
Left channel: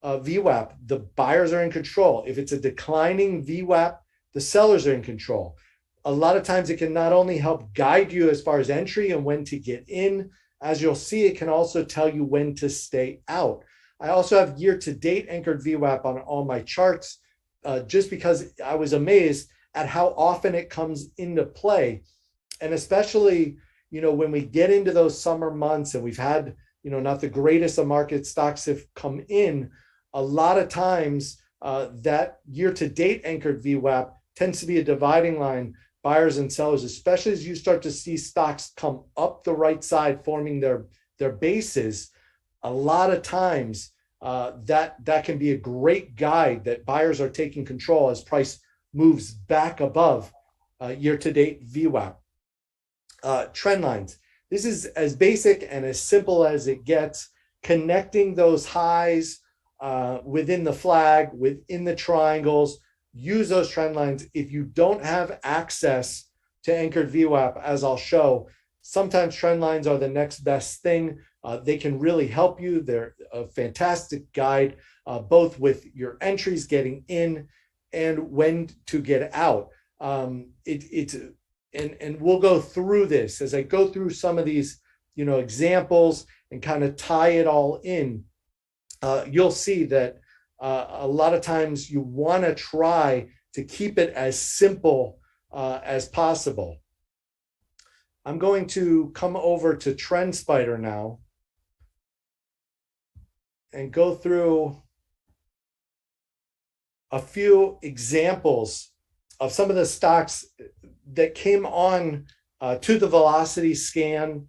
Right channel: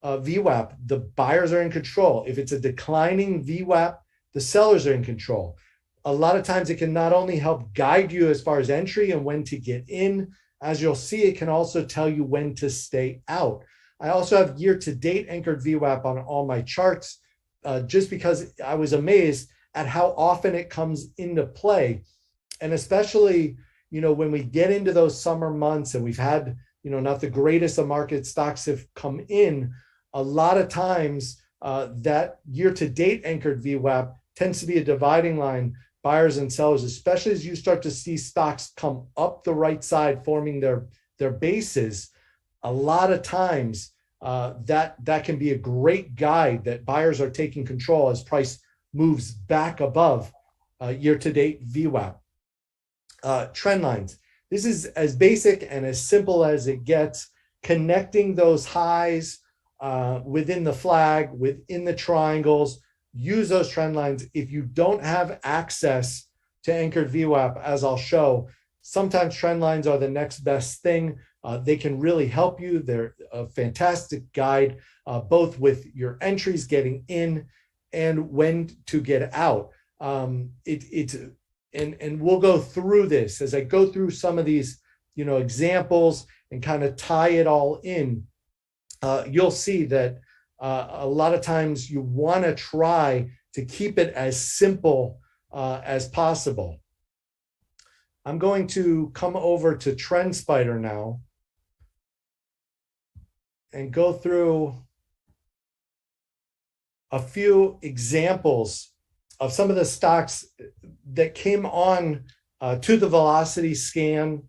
VWAP, the buyers are in control. If it's a declining VWAP, the sellers are in control. A lot of times it can not only help guide you as far as entry and when to get in, as you'll see, it can also tell you when to stay out. I also have year-to-date anchored VWAP on all my charts, just because I was amazed at how often it comes into play. And especially, you know, when we get into those summer months and we've had, you know, not the greatest of market stocks have come in, a lot of times that year-to-date anchored VWAP tends to be a dividing line, buyers and sellers, especially as you start to see stocks come up the right side, forming their bases. A lot of times that can be a great guide that buyers are taking control as price moves back above year-to-date VWAP. Trend lines. This is as basic and as simple as it gets, connecting those highs within the flag, within the triangles. Use those trend lines. If you don't have access to anchored VWAP, as I'll show, sometimes trend lines are the next best thing. They can really help you. They're a fantastic guide, both with your entries getting in and when to get out. And we'll go through this as I go through some of these, you know, examples and kind of tie it all in. You'll see that a lot of times you want to try to keep it as simple as possible. I'm going to come over to TrendSpider now and go through a few examples of some of the stocks that came on to the velocity scan,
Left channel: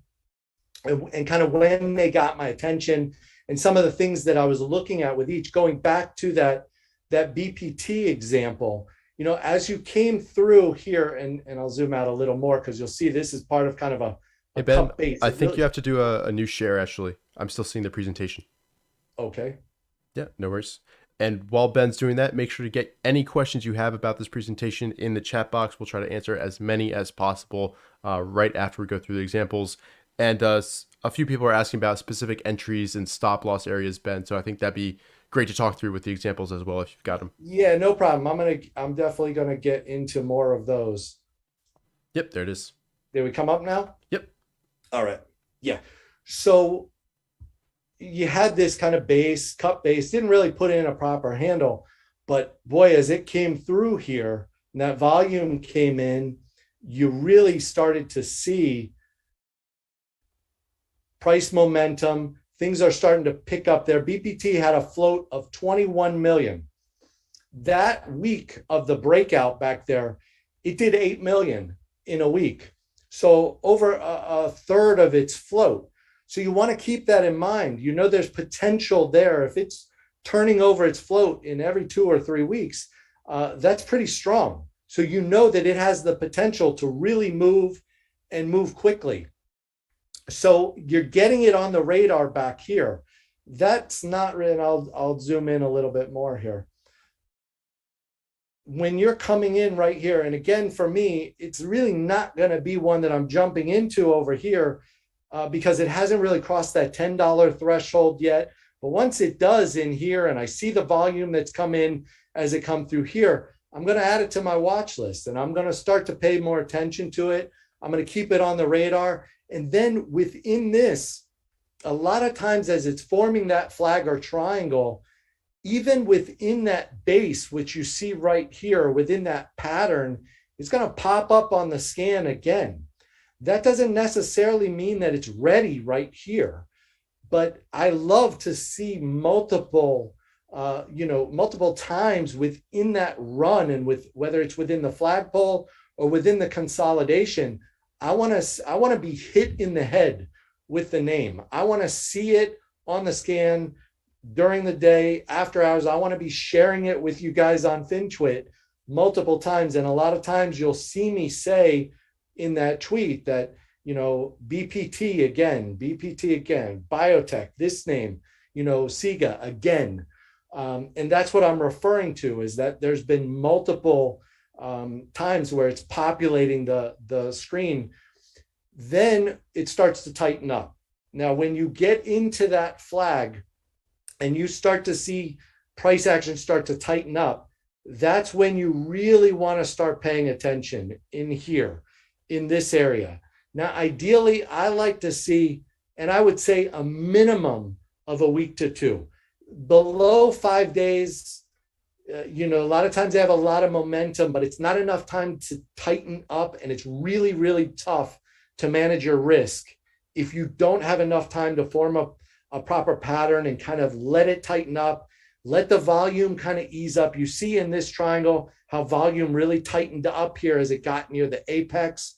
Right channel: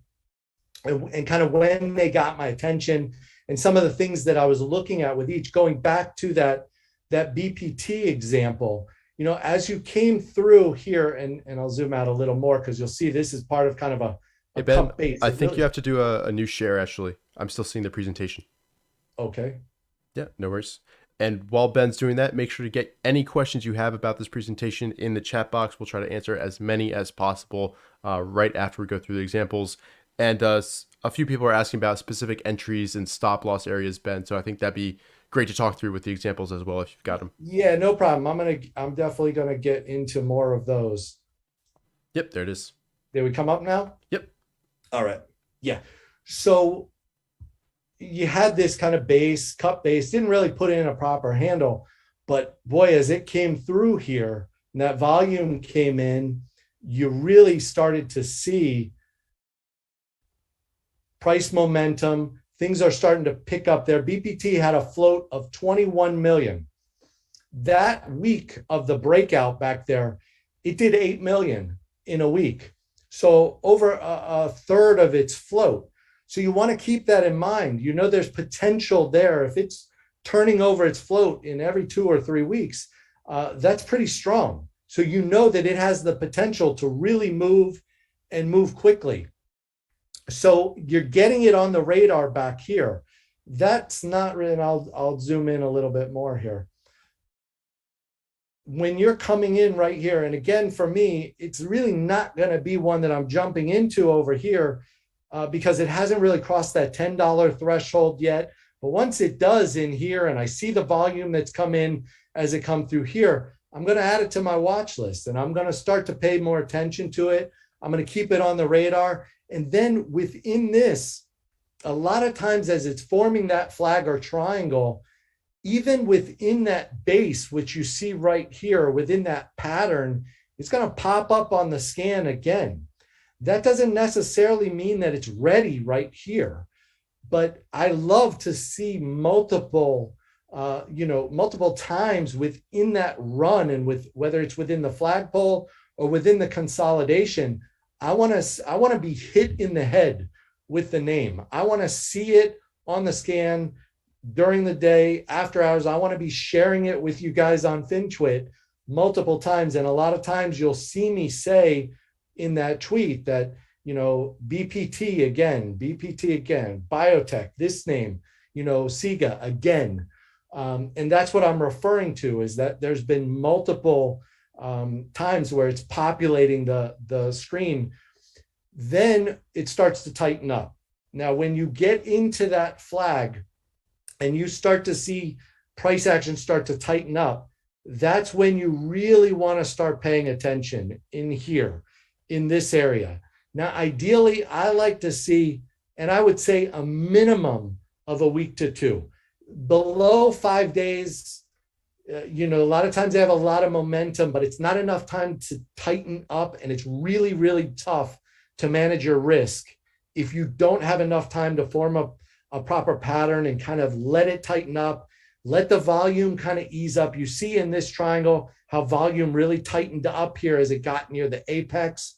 and kind of when they got my attention, and some of the things that I was looking at with each, going back to that BPT example. You know, as you came through here, and I'll zoom out a little more because you'll see this is part of kind of a Hey Ben, cup base. I think you have to do a new share actually. I'm still seeing the presentation. Okay. Yeah, no worries. And while Ben's doing that, make sure to get any questions you have about this presentation in the chat box. We'll try to answer as many as possible right after we go through the examples. And a few people are asking about specific entries and stop loss areas, Ben. So I think that'd be great to talk through with the examples as well if you've got them. Yeah, no problem. I'm definitely gonna get into more of those. Yep, there it is. Did we come up now? Yep. All right. Yeah. So you had this kind of base, cup base, didn't really put in a proper handle, but boy, as it came through here and that volume came in, you really started to see price momentum. Things are starting to pick up there. BPT had a float of 21 million. That week of the breakout back there, it did 8 million in a week. So over a third of its float. So you want to keep that in mind. You know, there's potential there. If it's turning over its float in every 2 or 3 weeks, that's pretty strong. So you know that it has the potential to really move and move quickly. So you're getting it on the radar back here. That's not, and I'll zoom in a little bit more here. When you're coming in right here, and again, for me, it's really not going to be one that I'm jumping into over here because it hasn't really crossed that $10 threshold yet. But once it does in here, and I see the volume that's come in as it come through here, I'm going to add it to my watch list, and I'm going to start to pay more attention to it. I'm going to keep it on the radar. And then within this, a lot of times as it's forming that flag or triangle, even within that base, which you see right here, within that pattern, it's going to pop up on the scan again. That doesn't necessarily mean that it's ready right here, but I love to see multiple, multiple times within that run, and with whether it's within the flagpole or within the consolidation. I want to be hit in the head with the name. I want to see it on the scan during the day, after hours. I want to be sharing it with you guys on FinTwit multiple times. And a lot of times you'll see me say in that tweet that, you know, BPT again, biotech, this name, you know, SIGA again. And that's what I'm referring to, is that there's been multiple times where it's populating the screen. Then it starts to tighten up. Now, when you get into that flag and you start to see price action start to tighten up, that's when you really want to start paying attention in here, in this area. Now, ideally, I like to see, and I would say a minimum of a week to 2. Below 5 days, a lot of times they have a lot of momentum, but it's not enough time to tighten up, and it's really, really tough to manage your risk if you don't have enough time to form a proper pattern and kind of let it tighten up, let the volume kind of ease up. You see in this triangle how volume really tightened up here as it got near the apex.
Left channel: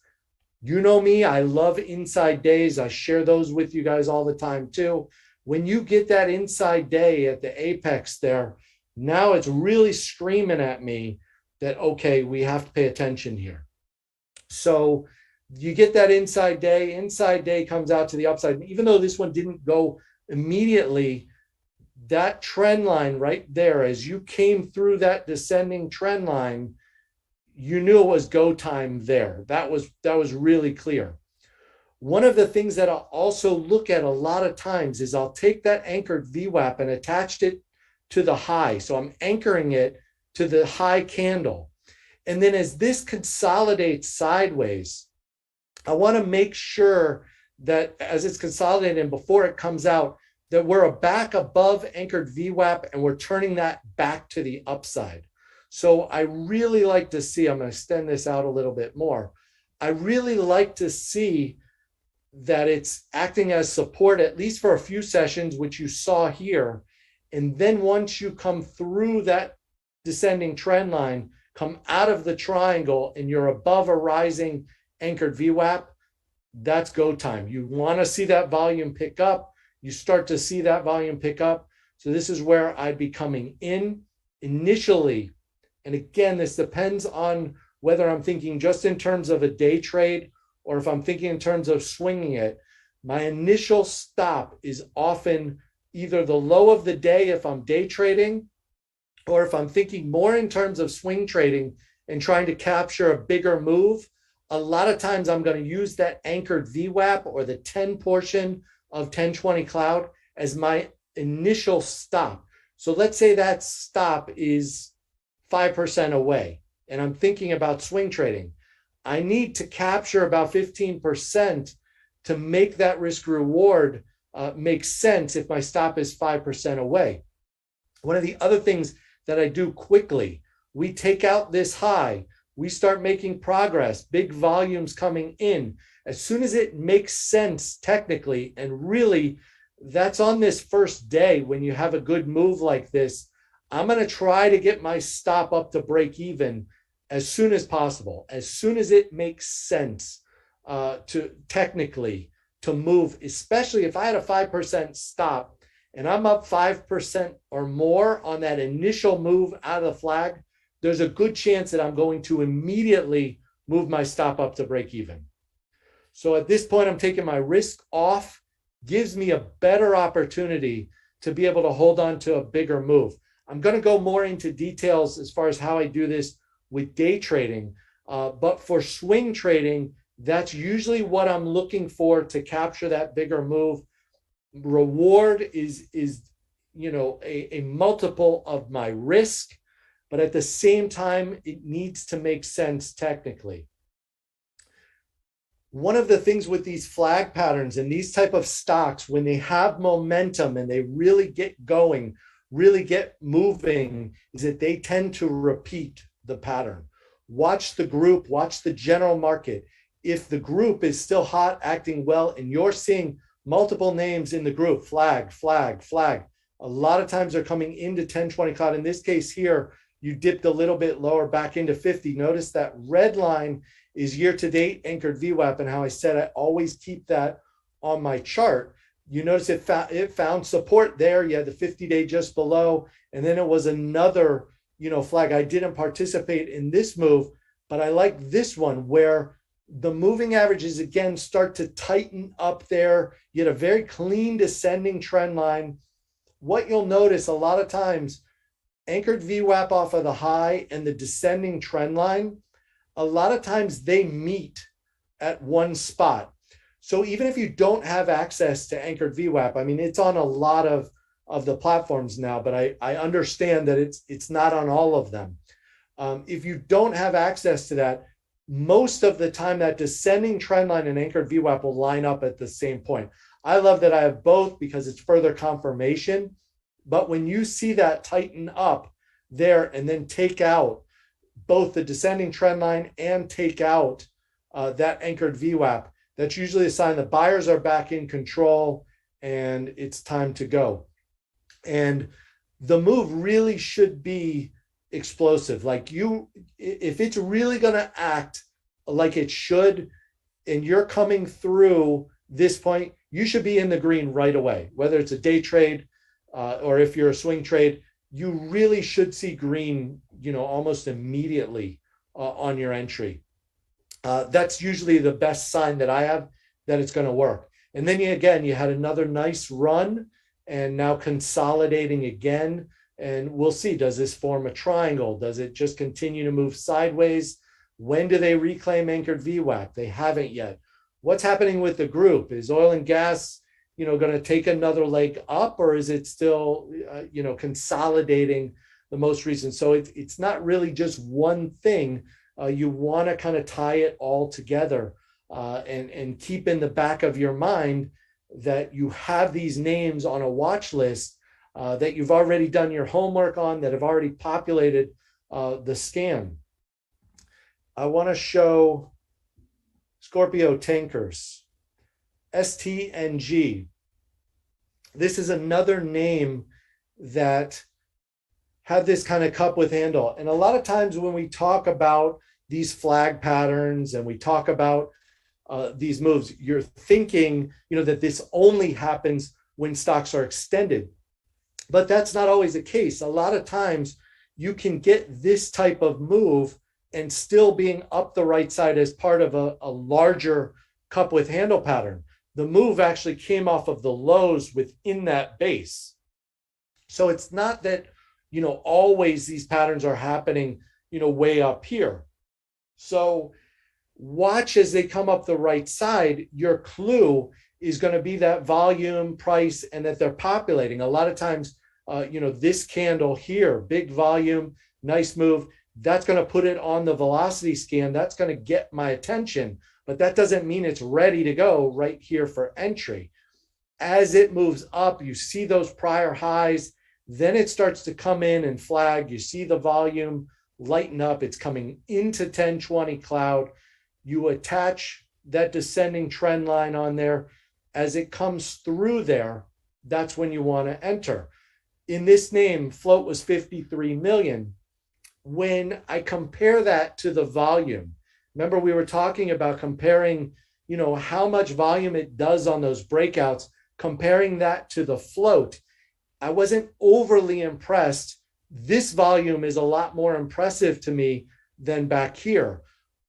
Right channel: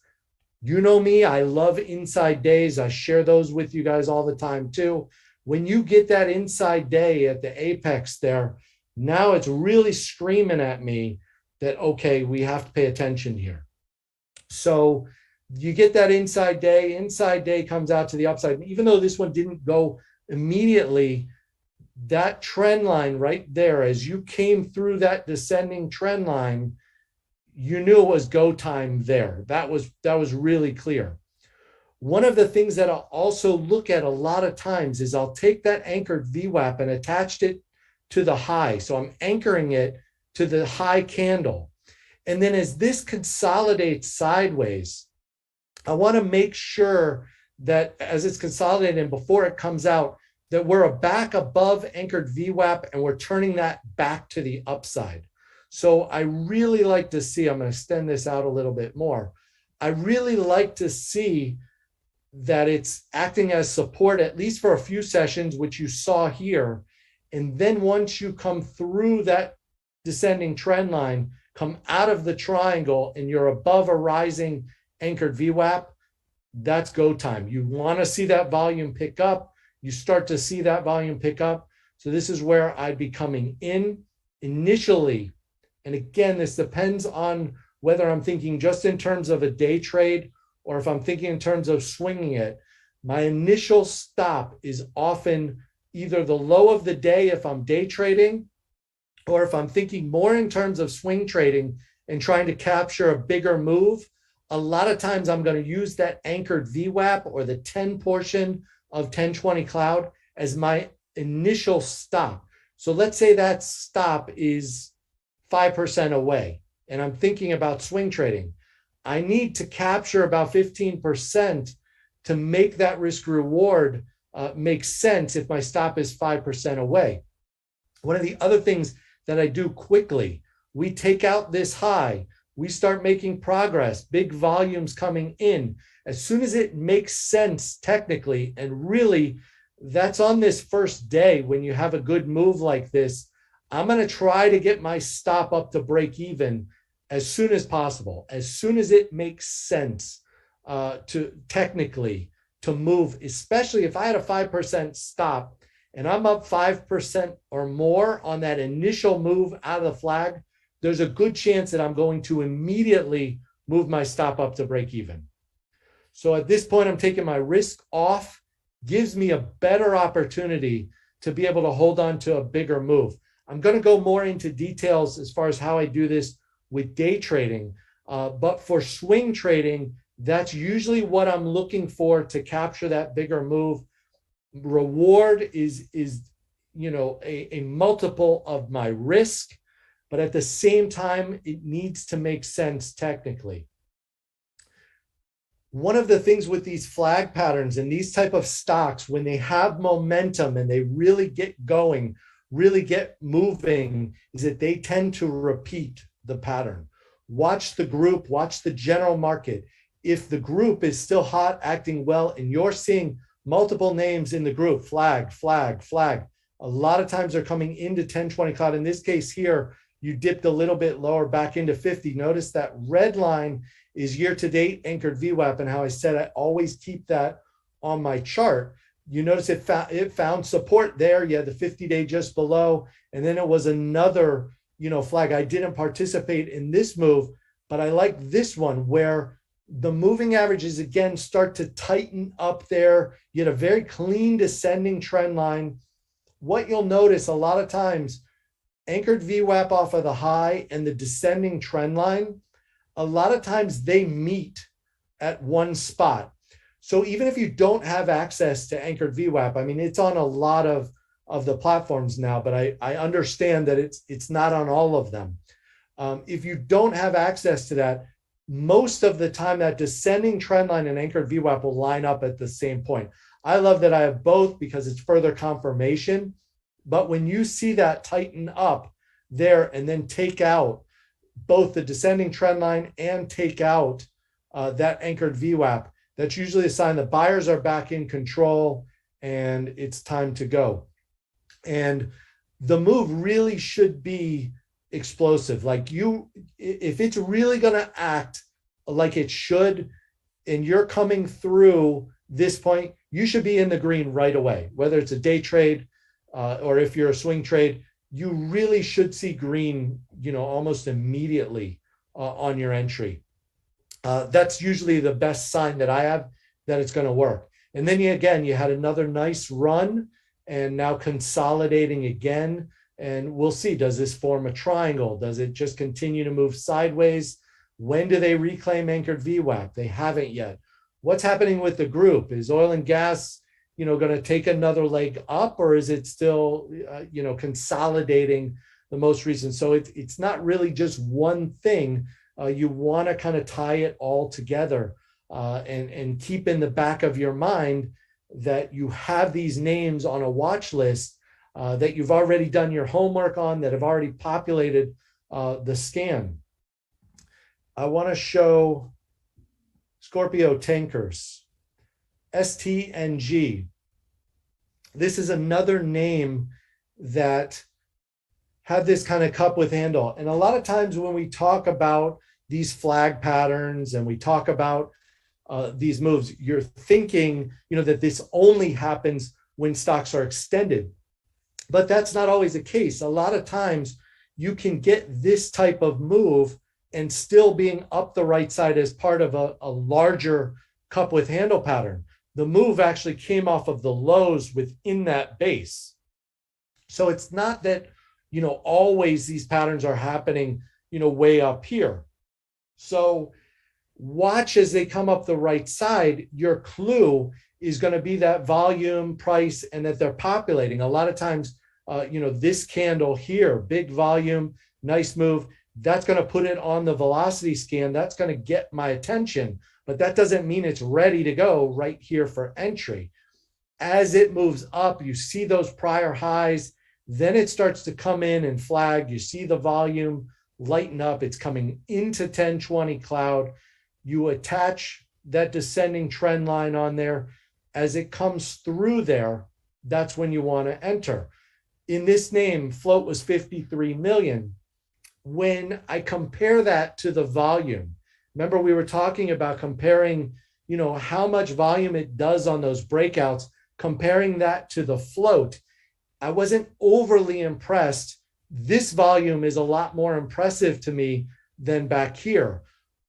You know me, I love inside days. I share those with you guys all the time too. When you get that inside day at the apex there, now it's really screaming at me that, okay, we have to pay attention here. So you get that inside day comes out to the upside. And even though this one didn't go immediately, that trend line right there, as you came through that descending trend line, you knew it was go time there. That was really clear. One of the things that I'll also look at a lot of times is I'll take that anchored VWAP and attached it to the high. So I'm anchoring it to the high candle. And then as this consolidates sideways, I want to make sure that as it's consolidating and before it comes out, that we're back above anchored VWAP and we're turning that back to the upside. So I really like to see, I'm going to extend this out a little bit more. I really like to see that it's acting as support, at least for a few sessions, which you saw here. And then once you come through that descending trend line, come out of the triangle and you're above a rising anchored VWAP, that's go time. You want to see that volume pick up. You start to see that volume pick up. So this is where I'd be coming in initially. And again, this depends on whether I'm thinking just in terms of a day trade or if I'm thinking in terms of swinging it. My initial stop is often either the low of the day if I'm day trading, or if I'm thinking more in terms of swing trading and trying to capture a bigger move. A lot of times I'm going to use that anchored VWAP or the 10 portion of 1020 cloud as my initial stop. So let's say that stop is 5% away and I'm thinking about swing trading. I need to capture about 15% to make that risk reward make sense if my stop is 5% away. One of the other things that I do quickly, we take out this high, we start making progress, big volumes coming in. As soon as it makes sense technically, and really that's on this first day when you have a good move like this, I'm going to try to get my stop up to break even as soon as possible, as soon as it makes sense to technically to move, especially if I had a 5% stop and I'm up 5% or more on that initial move out of the flag, there's a good chance that I'm going to immediately move my stop up to break even. So at this point, I'm taking my risk off, gives me a better opportunity to be able to hold on to a bigger move. I'm going to go more into details as far as how I do this with day trading. But for swing trading, that's usually what I'm looking for to capture that bigger move. Reward is a multiple of my risk, but at the same time, it needs to make sense technically. One of the things with these flag patterns and these type of stocks, when they have momentum and they really get going, really get moving, is that they tend to repeat the pattern. Watch the group, watch the general market. If the group is still hot, acting well, and you're seeing multiple names in the group, flag, flag, flag, a lot of times they're coming into 1020 cloud. In this case here, you dipped a little bit lower back into 50. Notice that red line is year-to-date anchored VWAP, and how I said I always keep that on my chart. You notice it found support there. You had the 50-day just below, and then it was another flag. I didn't participate in this move, but I like this one where the moving averages again start to tighten up there. You had a very clean descending trend line. What you'll notice a lot of times, anchored VWAP off of the high and the descending trend line, a lot of times they meet at one spot. So even if you don't have access to anchored VWAP, I mean, it's on a lot of the platforms now, but I understand that it's not on all of them. If you don't have access to that, most of the time that descending trend line and anchored VWAP will line up at the same point. I love that I have both because it's further confirmation. But when you see that tighten up there and then take out both the descending trend line and take out that anchored VWAP, that's usually a sign that buyers are back in control and it's time to go. And the move really should be explosive. Like if it's really going to act like it should, and you're coming through this point, you should be in the green right away, whether it's a day trade or if you're a swing trade, you really should see green, almost immediately on your entry. That's usually the best sign that I have that it's going to work. And then you had another nice run and now consolidating again. And we'll see, does this form a triangle? Does it just continue to move sideways? When do they reclaim anchored VWAP? They haven't yet. What's happening with the group? Is oil and gas, going to take another leg up, or is it still, consolidating the most recent? So it's not really just one thing. You want to kind of tie it all together and keep in the back of your mind that you have these names on a watch list that you've already done your homework on, that have already populated the scan. I want to show Scorpio Tankers, STNG. This is another name that had this kind of cup with handle. And a lot of times when we talk about these flag patterns and we talk about these moves, you're thinking, that this only happens when stocks are extended. But that's not always the case. A lot of times you can get this type of move and still being up the right side as part of a larger cup with handle pattern. The move actually came off of the lows within that base. So it's not that, always these patterns are happening, way up here. So watch as they come up the right side. Your clue is going to be that volume, price, and that they're populating. A lot of times, this candle here, big volume, nice move, that's going to put it on the velocity scan. That's going to get my attention, but that doesn't mean it's ready to go right here for entry. As it moves up, you see those prior highs, then it starts to come in and flag. You see the volume lighten up. It's coming into 1020 cloud. You attach that descending trend line on there. As it comes through there, that's when you want to enter. In this name, float was 53 million. When I compare that to the volume, remember we were talking about comparing, how much volume it does on those breakouts, comparing that to the float. I wasn't overly impressed. This volume is a lot more impressive to me than back here.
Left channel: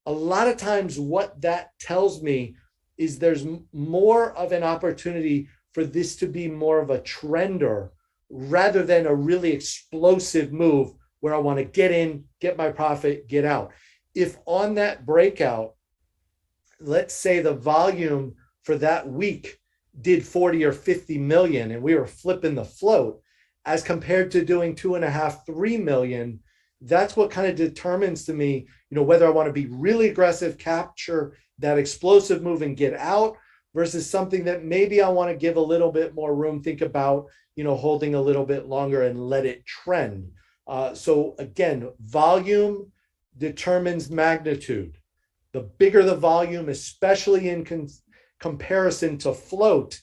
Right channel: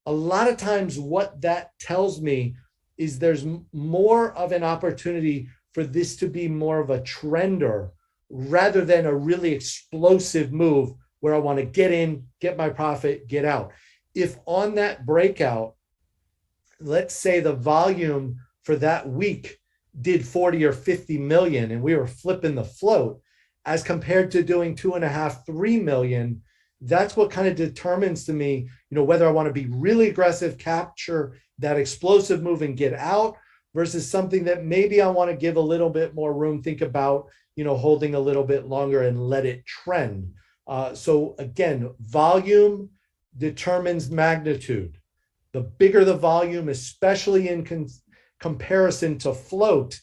A lot of times what that tells me is there's more of an opportunity for this to be more of a trender rather than a really explosive move where I want to get in, get my profit, get out. If on that breakout, let's say the volume for that week did 40 or 50 million and we were flipping the float as compared to doing 2.5, 3 million, that's what kind of determines to me, whether I want to be really aggressive, capture that explosive move and get out versus something that maybe I want to give a little bit more room, think about, holding a little bit longer and let it trend. So again, volume determines magnitude. The bigger the volume, especially in comparison to float,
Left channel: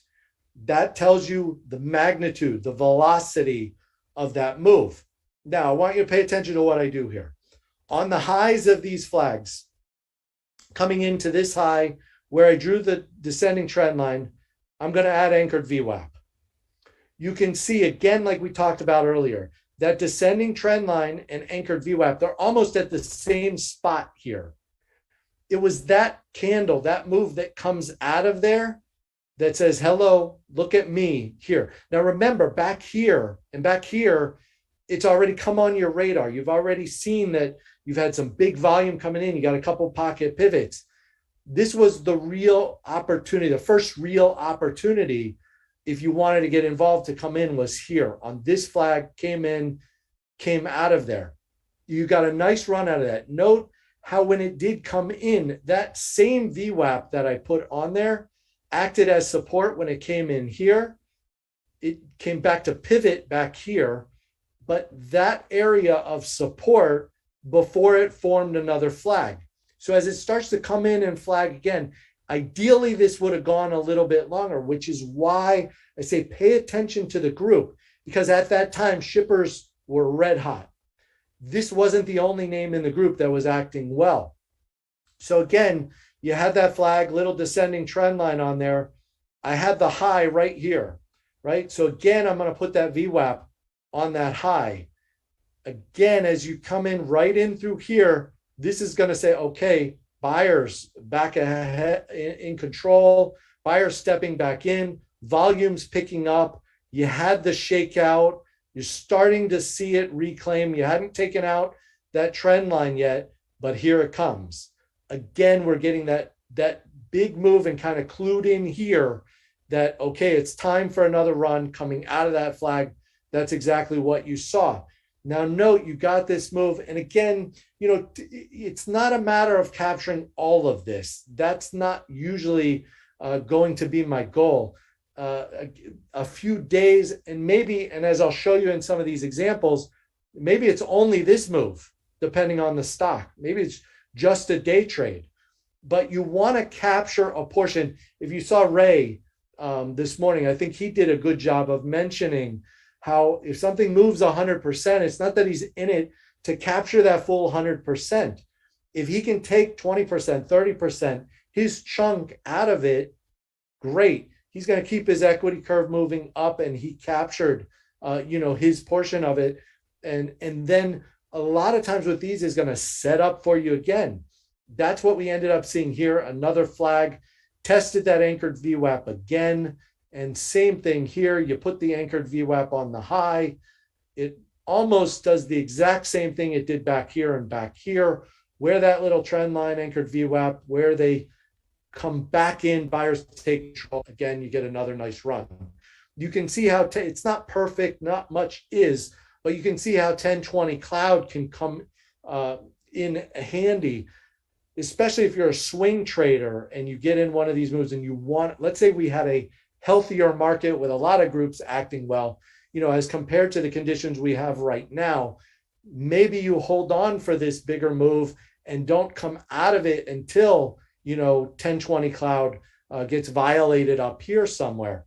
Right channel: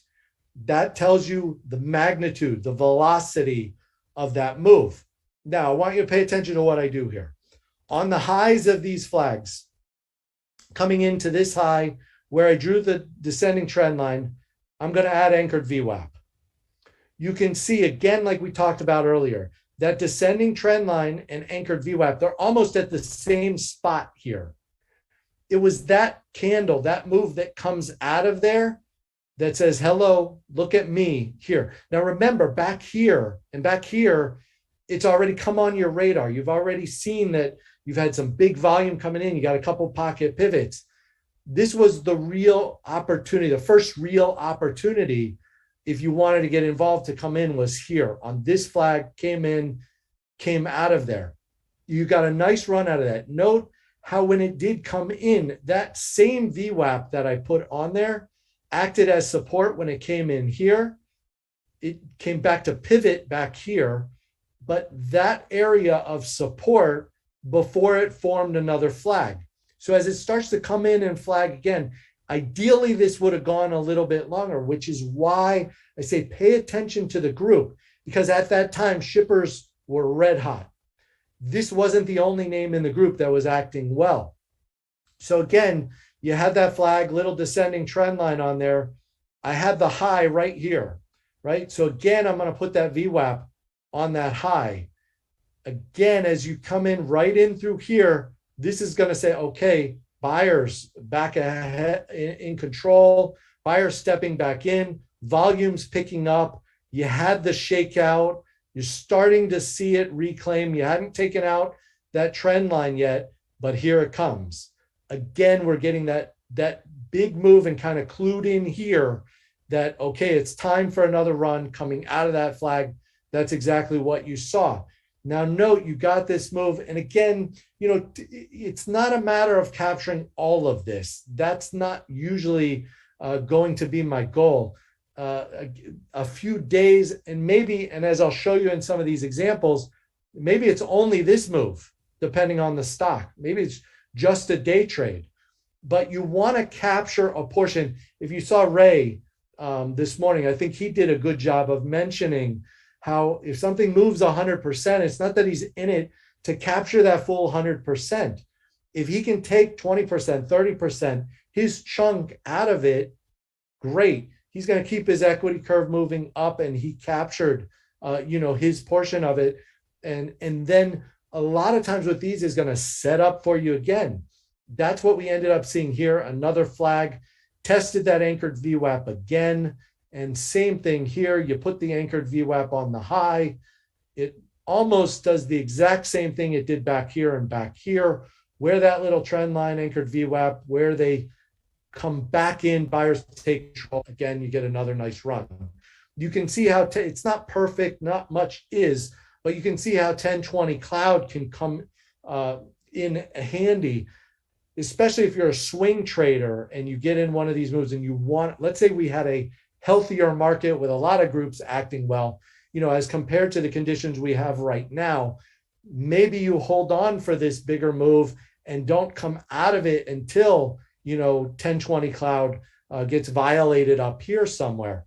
that tells you the magnitude, the velocity of that move. Now, I want you to pay attention to what I do here. On the highs of these flags, coming into this high where I drew the descending trend line, I'm going to add anchored VWAP. You can see again, like we talked about earlier, that descending trend line and anchored VWAP, they're almost at the same spot here. It was that candle, that move that comes out of there that says, hello, look at me here. Now remember, back here and back here, it's already come on your radar. You've already seen that you've had some big volume coming in. You got a couple pocket pivots. This was the real opportunity. The first real opportunity, if you wanted to get involved to come in, was here on this flag, came in, came out of there. You got a nice run out of that. Note how when it did come in, that same VWAP that I put on there acted as support when it came in here. It came back to pivot back here, but that area of support before it formed another flag. So as it starts to come in and flag again, ideally this would have gone a little bit longer, which is why I say pay attention to the group, because at that time shippers were red hot. This wasn't the only name in the group that was acting well. So again, you had that flag, little descending trend line on there. I had the high right here, right? So again, I'm going to put that VWAP on that high. Again, as you come in right in through here, this is going to say, okay, buyers back ahead in control, buyers stepping back in, volumes picking up. You had the shakeout. You're starting to see it reclaim. You hadn't taken out that trend line yet, but here it comes. Again, we're getting that big move and kind of clued in here that, okay, it's time for another run coming out of that flag. That's exactly what you saw. Now note, you got this move. And again, it's not a matter of capturing all of this. That's not usually going to be my goal. A few days and maybe, and as I'll show you in some of these examples, maybe it's only this move, depending on the stock. Maybe it's just a day trade, but you want to capture a portion. If you saw Ray this morning, I think he did a good job of mentioning how if something moves 100%, it's not that he's in it to capture that full 100%. If he can take 20%, 30%, his chunk out of it, great. He's going to keep his equity curve moving up, and he captured, his portion of it. And then a lot of times with these is going to set up for you again. That's what we ended up seeing here. Another flag, tested that anchored VWAP again. And same thing here. You put the anchored VWAP on the high. It almost does the exact same thing it did back here and back here, where that little trend line anchored VWAP, where they come back in, buyers take control. Again, you get another nice run. You can see how it's not perfect, not much is, but you can see how 1020 cloud can come in handy, especially if you're a swing trader and you get in one of these moves and you want, let's say we had a healthier market with a lot of groups acting well, as compared to the conditions we have right now, maybe you hold on for this bigger move and don't come out of it until, 1020 cloud gets violated up here somewhere.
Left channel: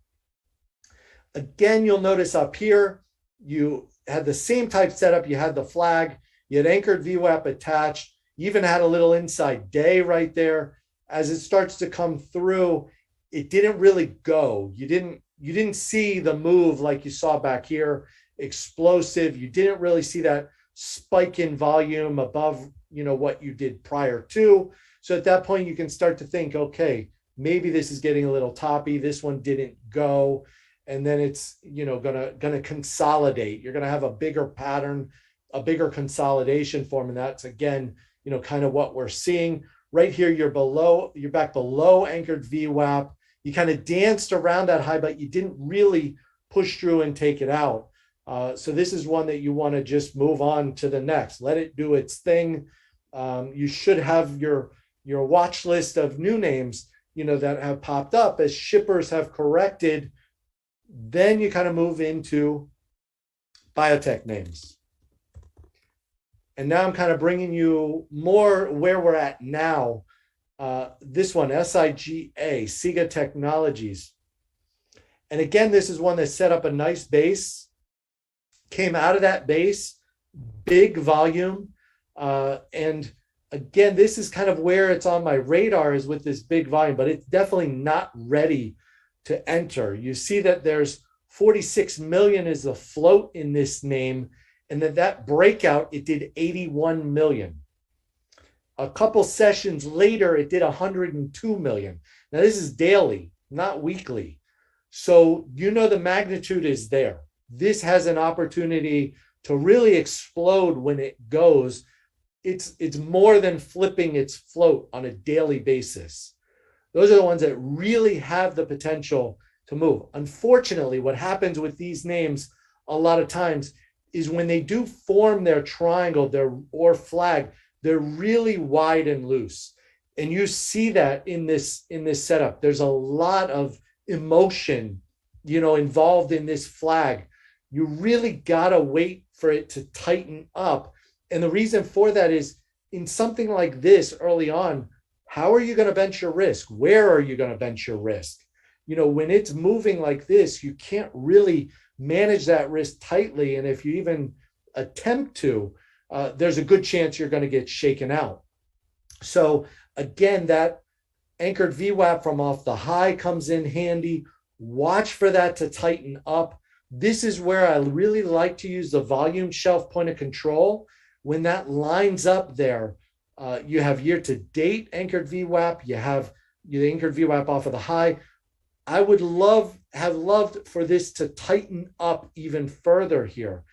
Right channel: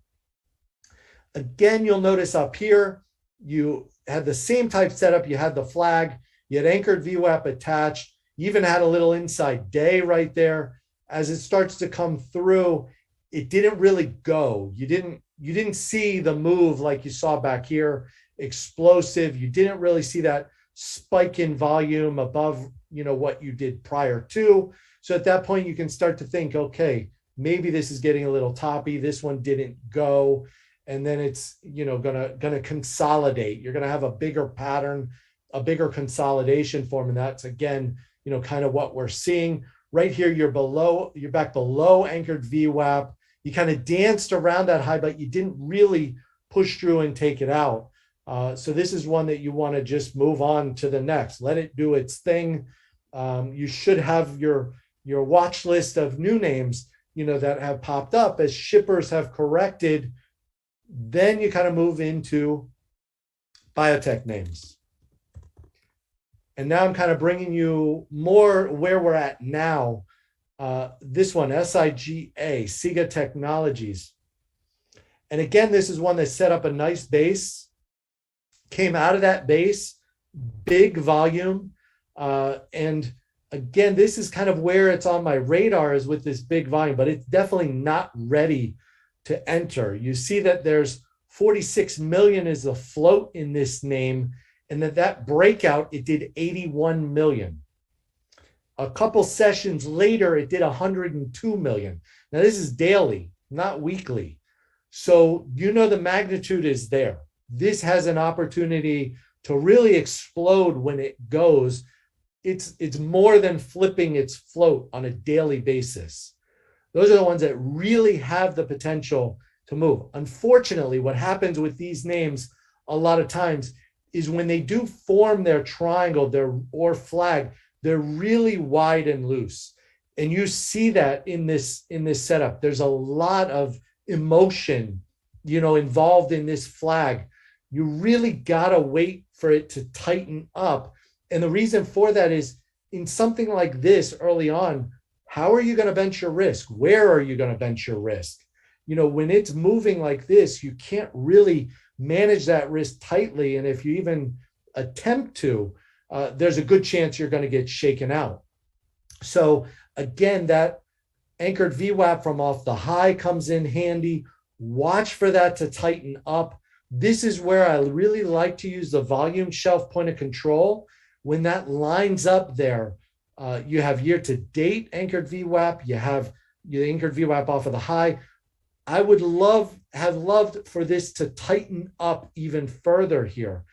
Again, you'll notice up here, you had the same type setup. You had the flag, you had anchored VWAP attached, you even had a little inside day right there. As it starts to come through, it didn't really go. You didn't see the move like you saw back here, explosive. You didn't really see that spike in volume above, what you did prior to. So at that point, you can start to think, okay, maybe this is getting a little toppy. This one didn't go. And then it's, gonna consolidate. You're gonna have a bigger pattern, a bigger consolidation form. And that's, again, kind of what we're seeing. Right here, you're back below anchored VWAP. You kind of danced around that high, but you didn't really push through and take it out. So this is one that you want to just move on to the next. Let it do its thing. You should have your watch list of new names, that have popped up as shippers have corrected. Then you kind of move into biotech names. And now I'm kind of bringing you more where we're at now. This one, SIGA, SIGA Technologies. And again, this is one that set up a nice base, came out of that base, big volume. And again, this is kind of where it's on my radar, is with this big volume, but it's definitely not ready to enter. You see that there's 46 million is the float in this name, and that breakout, it did 81 million. A couple sessions later, it did 102 million. Now, this is daily, not weekly. So, the magnitude is there. This has an opportunity to really explode when it goes. It's more than flipping its float on a daily basis. Those are the ones that really have the potential to move. Unfortunately, what happens with these names a lot of times is when they do form their triangle, or flag, they're really wide and loose. And you see that in this setup. There's a lot of emotion, involved in this flag. You really gotta wait for it to tighten up. And the reason for that is, in something like this early on, how are you going to bench your risk? Where are you going to bench your risk? When it's moving like this, you can't really manage that risk tightly. And if you even attempt to, there's a good chance you're going to get shaken out. So again, that anchored VWAP from off the high comes in handy. Watch for that to tighten up. This is where I really like to use the volume shelf point of control. When that lines up there, you have year-to-date anchored VWAP, you have the anchored VWAP off of the high. I would have loved for this to tighten up even further here,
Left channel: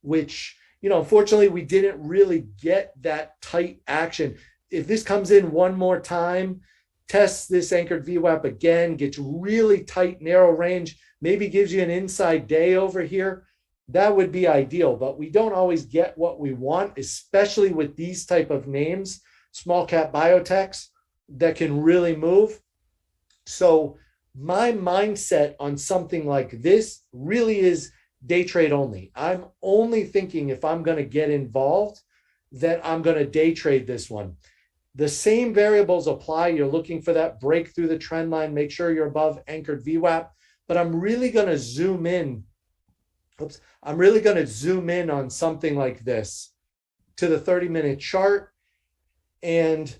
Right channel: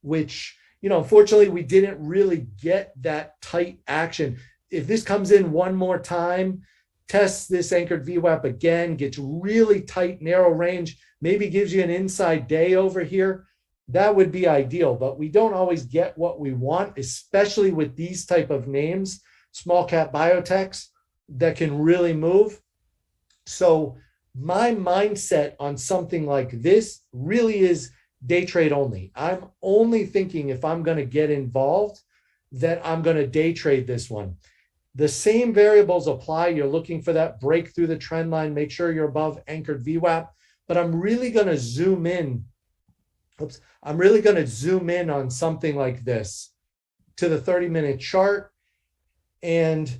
which, unfortunately, we didn't really get that tight action. If this comes in one more time, tests this anchored VWAP again, gets really tight, narrow range, maybe gives you an inside day over here, that would be ideal. But we don't always get what we want, especially with these type of names, small cap biotechs that can really move. So my mindset on something like this really is day trade only. I'm only thinking, if I'm going to get involved, that I'm going to day trade this one. The same variables apply. You're looking for that break through the trend line. Make sure you're above anchored VWAP. But I'm really going to zoom in oops, I'm really going to zoom in on something like this to the 30-minute chart. And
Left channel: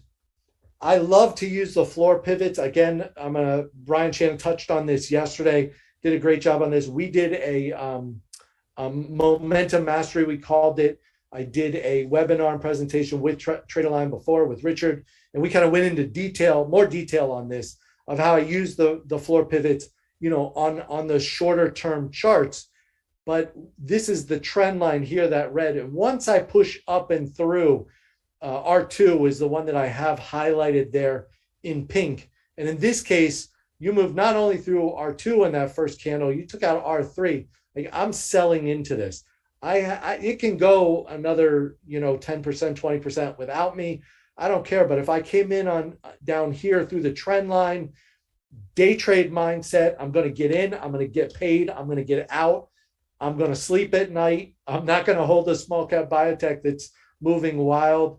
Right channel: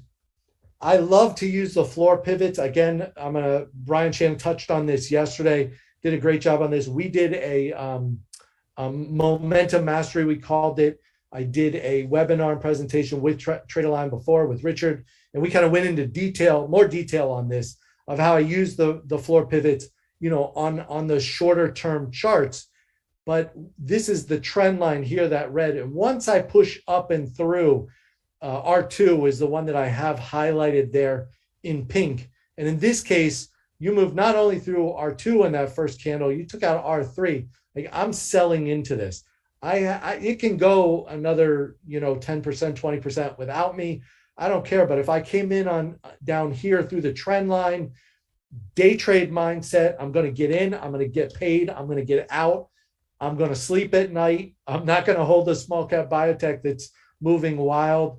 I love to use the floor pivots. Again, Brian Shannon touched on this yesterday, did a great job on this. We did a momentum mastery, we called it. I did a webinar and presentation with TraderLion before with Richard, and we kind of went into more detail on this of how I use the floor pivots, on the shorter term charts. But this is the trend line here, that red. And once I push up and through, R2 is the one that I have highlighted there in pink. And in this case, you move not only through R2 in that first candle, you took out R3. Like, I'm selling into this. It can go another, 10%, 20% without me. I don't care. But if I came in on down here through the trend line, day trade mindset, I'm going to get in, I'm going to get paid, I'm going to get out, I'm going to sleep at night. I'm not going to hold a small cap biotech that's moving wild.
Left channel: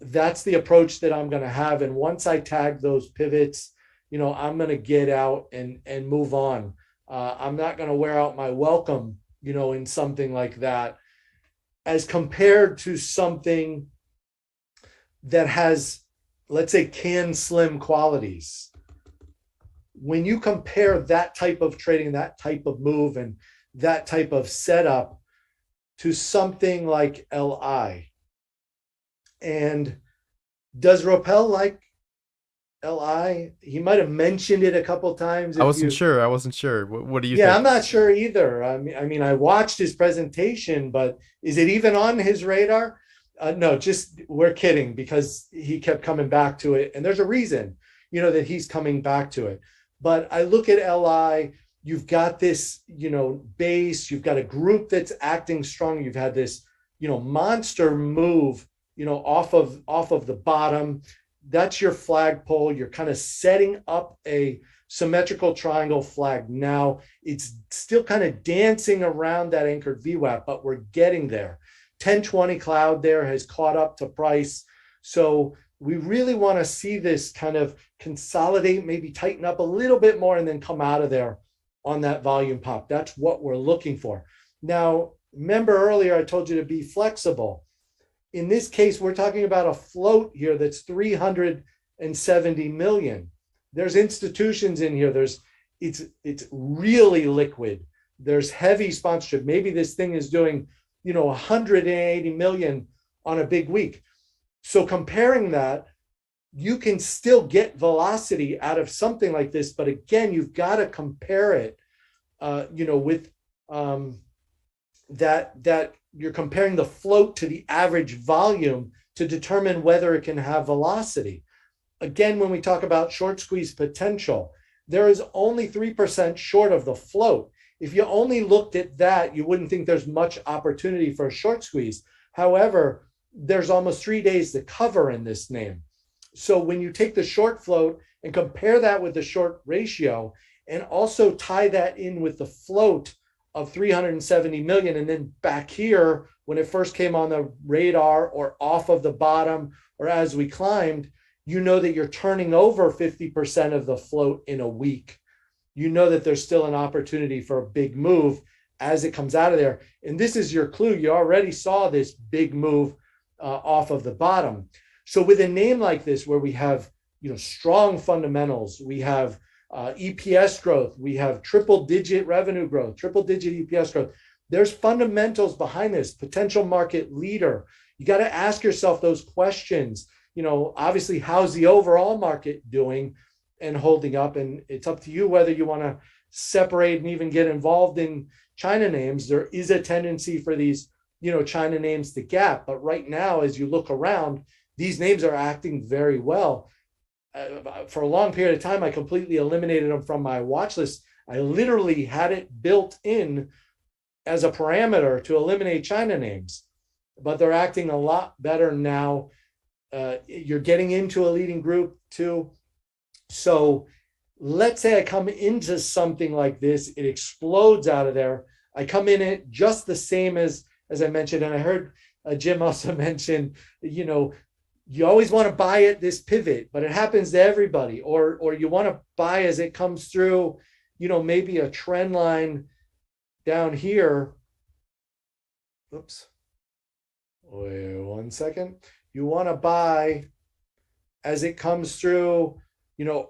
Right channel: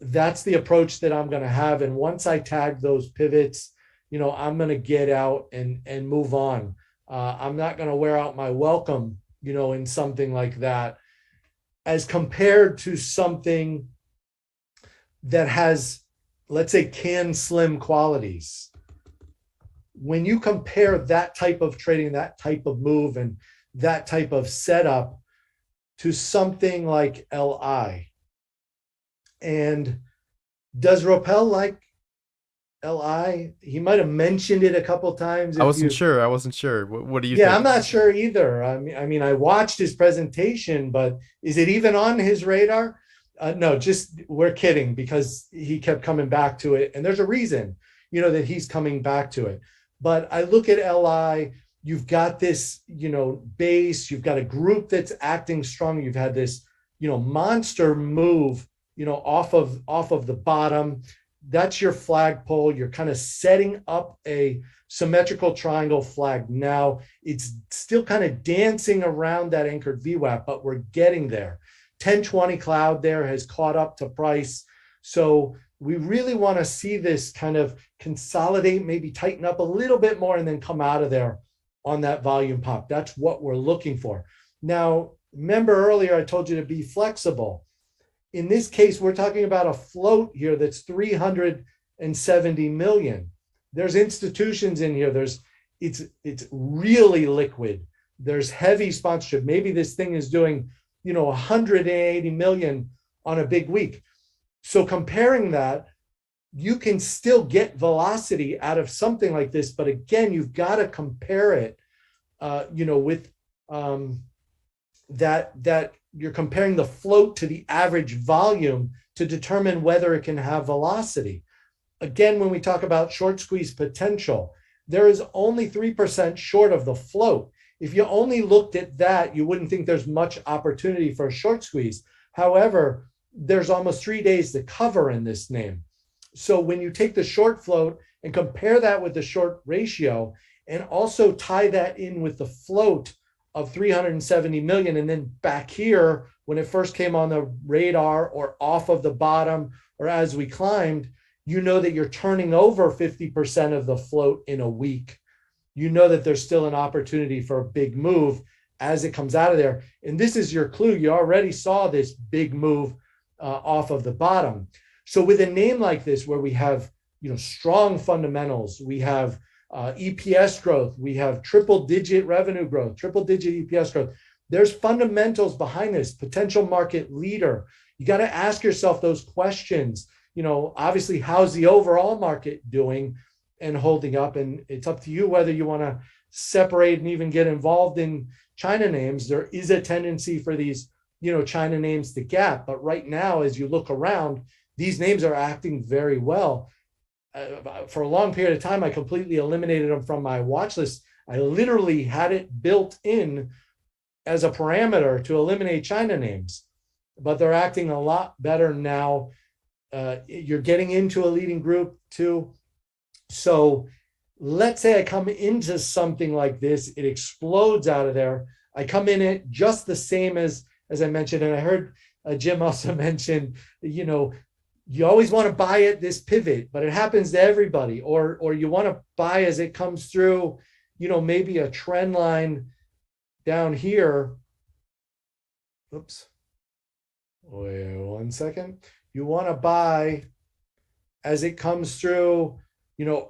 That's the approach that I'm going to have. And once I tag those pivots, I'm going to get out and move on. I'm not going to wear out my welcome, in something like that, as compared to something that has, let's say, can slim qualities. When you compare that type of trading, that type of move, and that type of setup to something like LI, and does Roppel like LI? He might have mentioned it a couple of times. I wasn't sure. What do you think? Yeah, I'm not sure either. I mean, I watched his presentation, but is it even on his radar? No, just we're kidding, because he kept coming back to it. And there's a reason, that he's coming back to it. But I look at LI, you've got this, base, you've got a group that's acting strong. You've had this, monster move, off of the bottom. That's your flagpole. You're kind of setting up a symmetrical triangle flag. Now it's still kind of dancing around that anchored VWAP, but we're getting there. 1020 cloud there has caught up to price. So we really want to see this kind of consolidate, maybe tighten up a little bit more, and then come out of there on that volume pop. That's what we're looking for. Now, remember earlier I told you to be flexible. In this case, we're talking about a float here that's 370 million. There's institutions in here. It's really liquid. There's heavy sponsorship. Maybe this thing is doing, 180 million on a big week. So comparing that, you can still get velocity out of something like this. But again, you've got to compare it, with that you're comparing the float to the average volume to determine whether it can have velocity. Again, when we talk about short squeeze potential, there is only 3% short of the float. If you only looked at that, you wouldn't think there's much opportunity for a short squeeze. However, there's almost 3 days to cover in this name. So when you take the short float and compare that with the short ratio, and also tie that in with the float of 370 million, and then back here, when it first came on the radar or off of the bottom, or as we climbed, that you're turning over 50% of the float in a week. That there's still an opportunity for a big move as it comes out of there. And this is your clue. You already saw this big move off of the bottom. So with a name like this, where we have, strong fundamentals, we have EPS growth, we have triple digit revenue growth, triple digit EPS growth. There's fundamentals behind this, potential market leader. You got to ask yourself those questions. Obviously, how's the overall market doing and holding up? And it's up to you whether you want to separate and even get involved in China names. There is a tendency for these, China names to gap. But right now, as you look around, these names are acting very well. For a long period of time, I completely eliminated them from my watch list. I literally had it built in as a parameter to eliminate China names, but they're acting a lot better now. You're getting into a leading group too. So let's say I come into something like this, it explodes out of there. I come in it just the same as I mentioned, and I heard Jim also mention, you always want to buy at this pivot, but it happens to everybody, or you want to buy as it comes through, maybe a trend line down here, oops, wait 1 second. You want to buy as it comes through,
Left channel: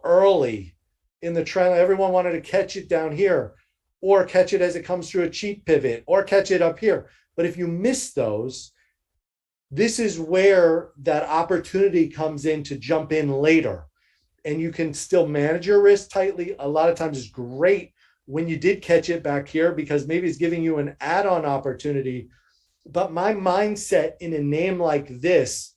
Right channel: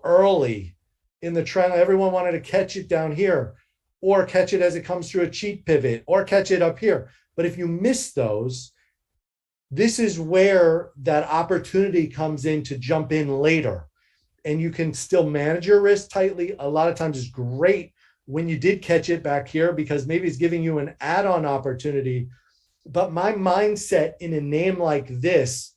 early in the trend. Everyone wanted to catch it down here, or catch it as it comes through a cheap pivot, or catch it up here. But if you miss those, this is where that opportunity comes in to jump in later. And you can still manage your risk tightly. A lot of times it's great when you did catch it back here, because maybe it's giving you an add-on opportunity. But my mindset in a name like this,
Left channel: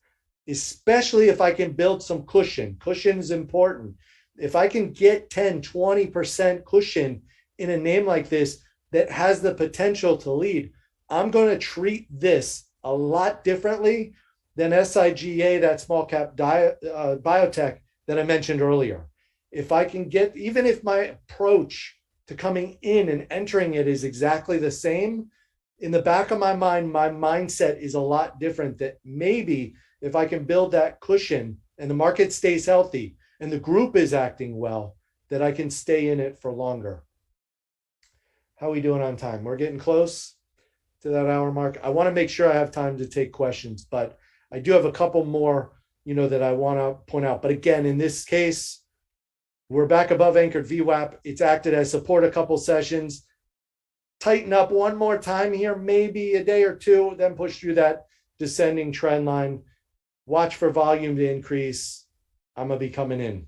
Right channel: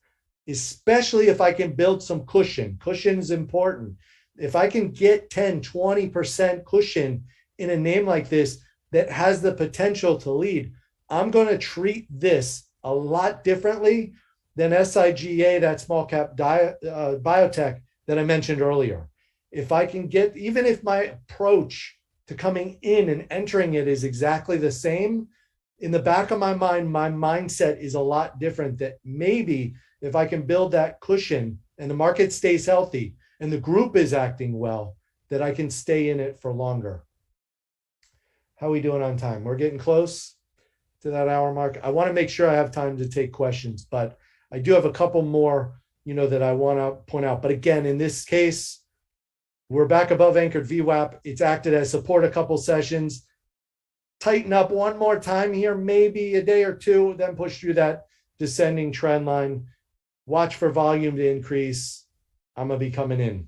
especially if I can build some cushion is important. If I can get 10, 20% cushion in a name like this that has the potential to lead, I'm going to treat this a lot differently than SIGA, that small cap biotech that I mentioned earlier. If I can get, even if my approach to coming in and entering it is exactly the same, in the back of my mind, my mindset is a lot different, that maybe if I can build that cushion and the market stays healthy and the group is acting well, that I can stay in it for longer. How are we doing on time? We're getting close to that hour mark. I want to make sure I have time to take questions, but I do have a couple more, that I want to point out. But again, in this case, we're back above anchored VWAP. It's acted as support a couple sessions. Tighten up one more time here, maybe a day or two, then push through that descending trend line. Watch for volume to increase. I'm going to be coming in.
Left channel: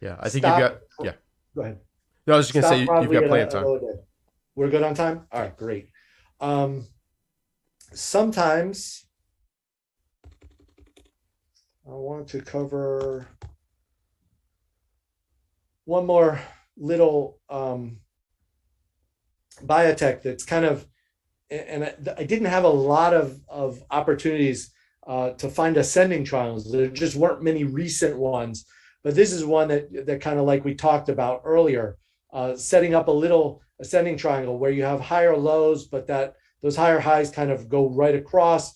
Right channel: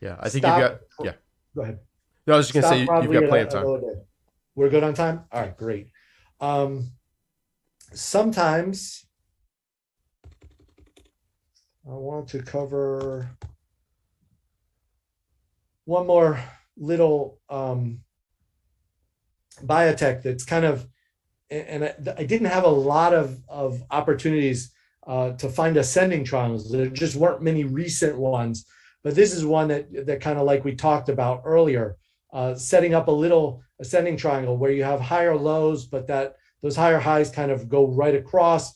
Yeah, I think you've got, yeah. Go ahead. No, I was just going to say, you've got plenty of time. We're good on time? All right, great. Sometimes I want to cover one more little biotech that's kind of, and I didn't have a lot of opportunities to find ascending triangles. There just weren't many recent ones, but this is one that kind of, like we talked about earlier, setting up a little ascending triangle where you have higher lows, but those higher highs kind of go right across.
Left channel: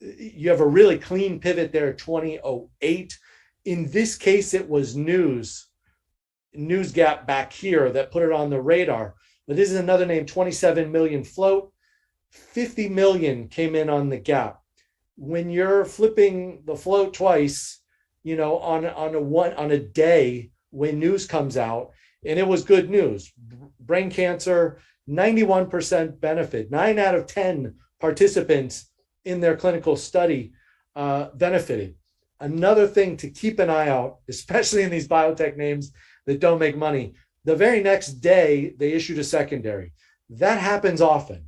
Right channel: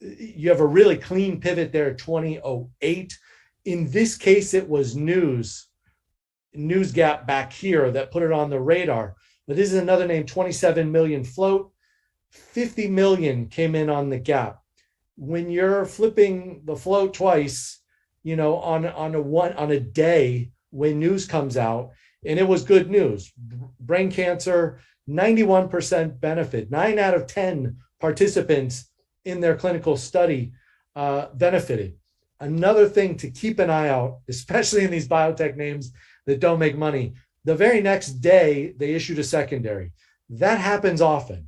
You have a really clean pivot there, 2008. In this case, it was news gap back here that put it on the radar. But this is another name, 27 million float, 50 million came in on the gap. When you're flipping the float twice, on a day when news comes out, and it was good news, brain cancer, 91% benefit, 9 out of 10 participants in their clinical study benefited. Another thing to keep an eye out, especially in these biotech names that don't make money, the very next day they issued a secondary. That happens often.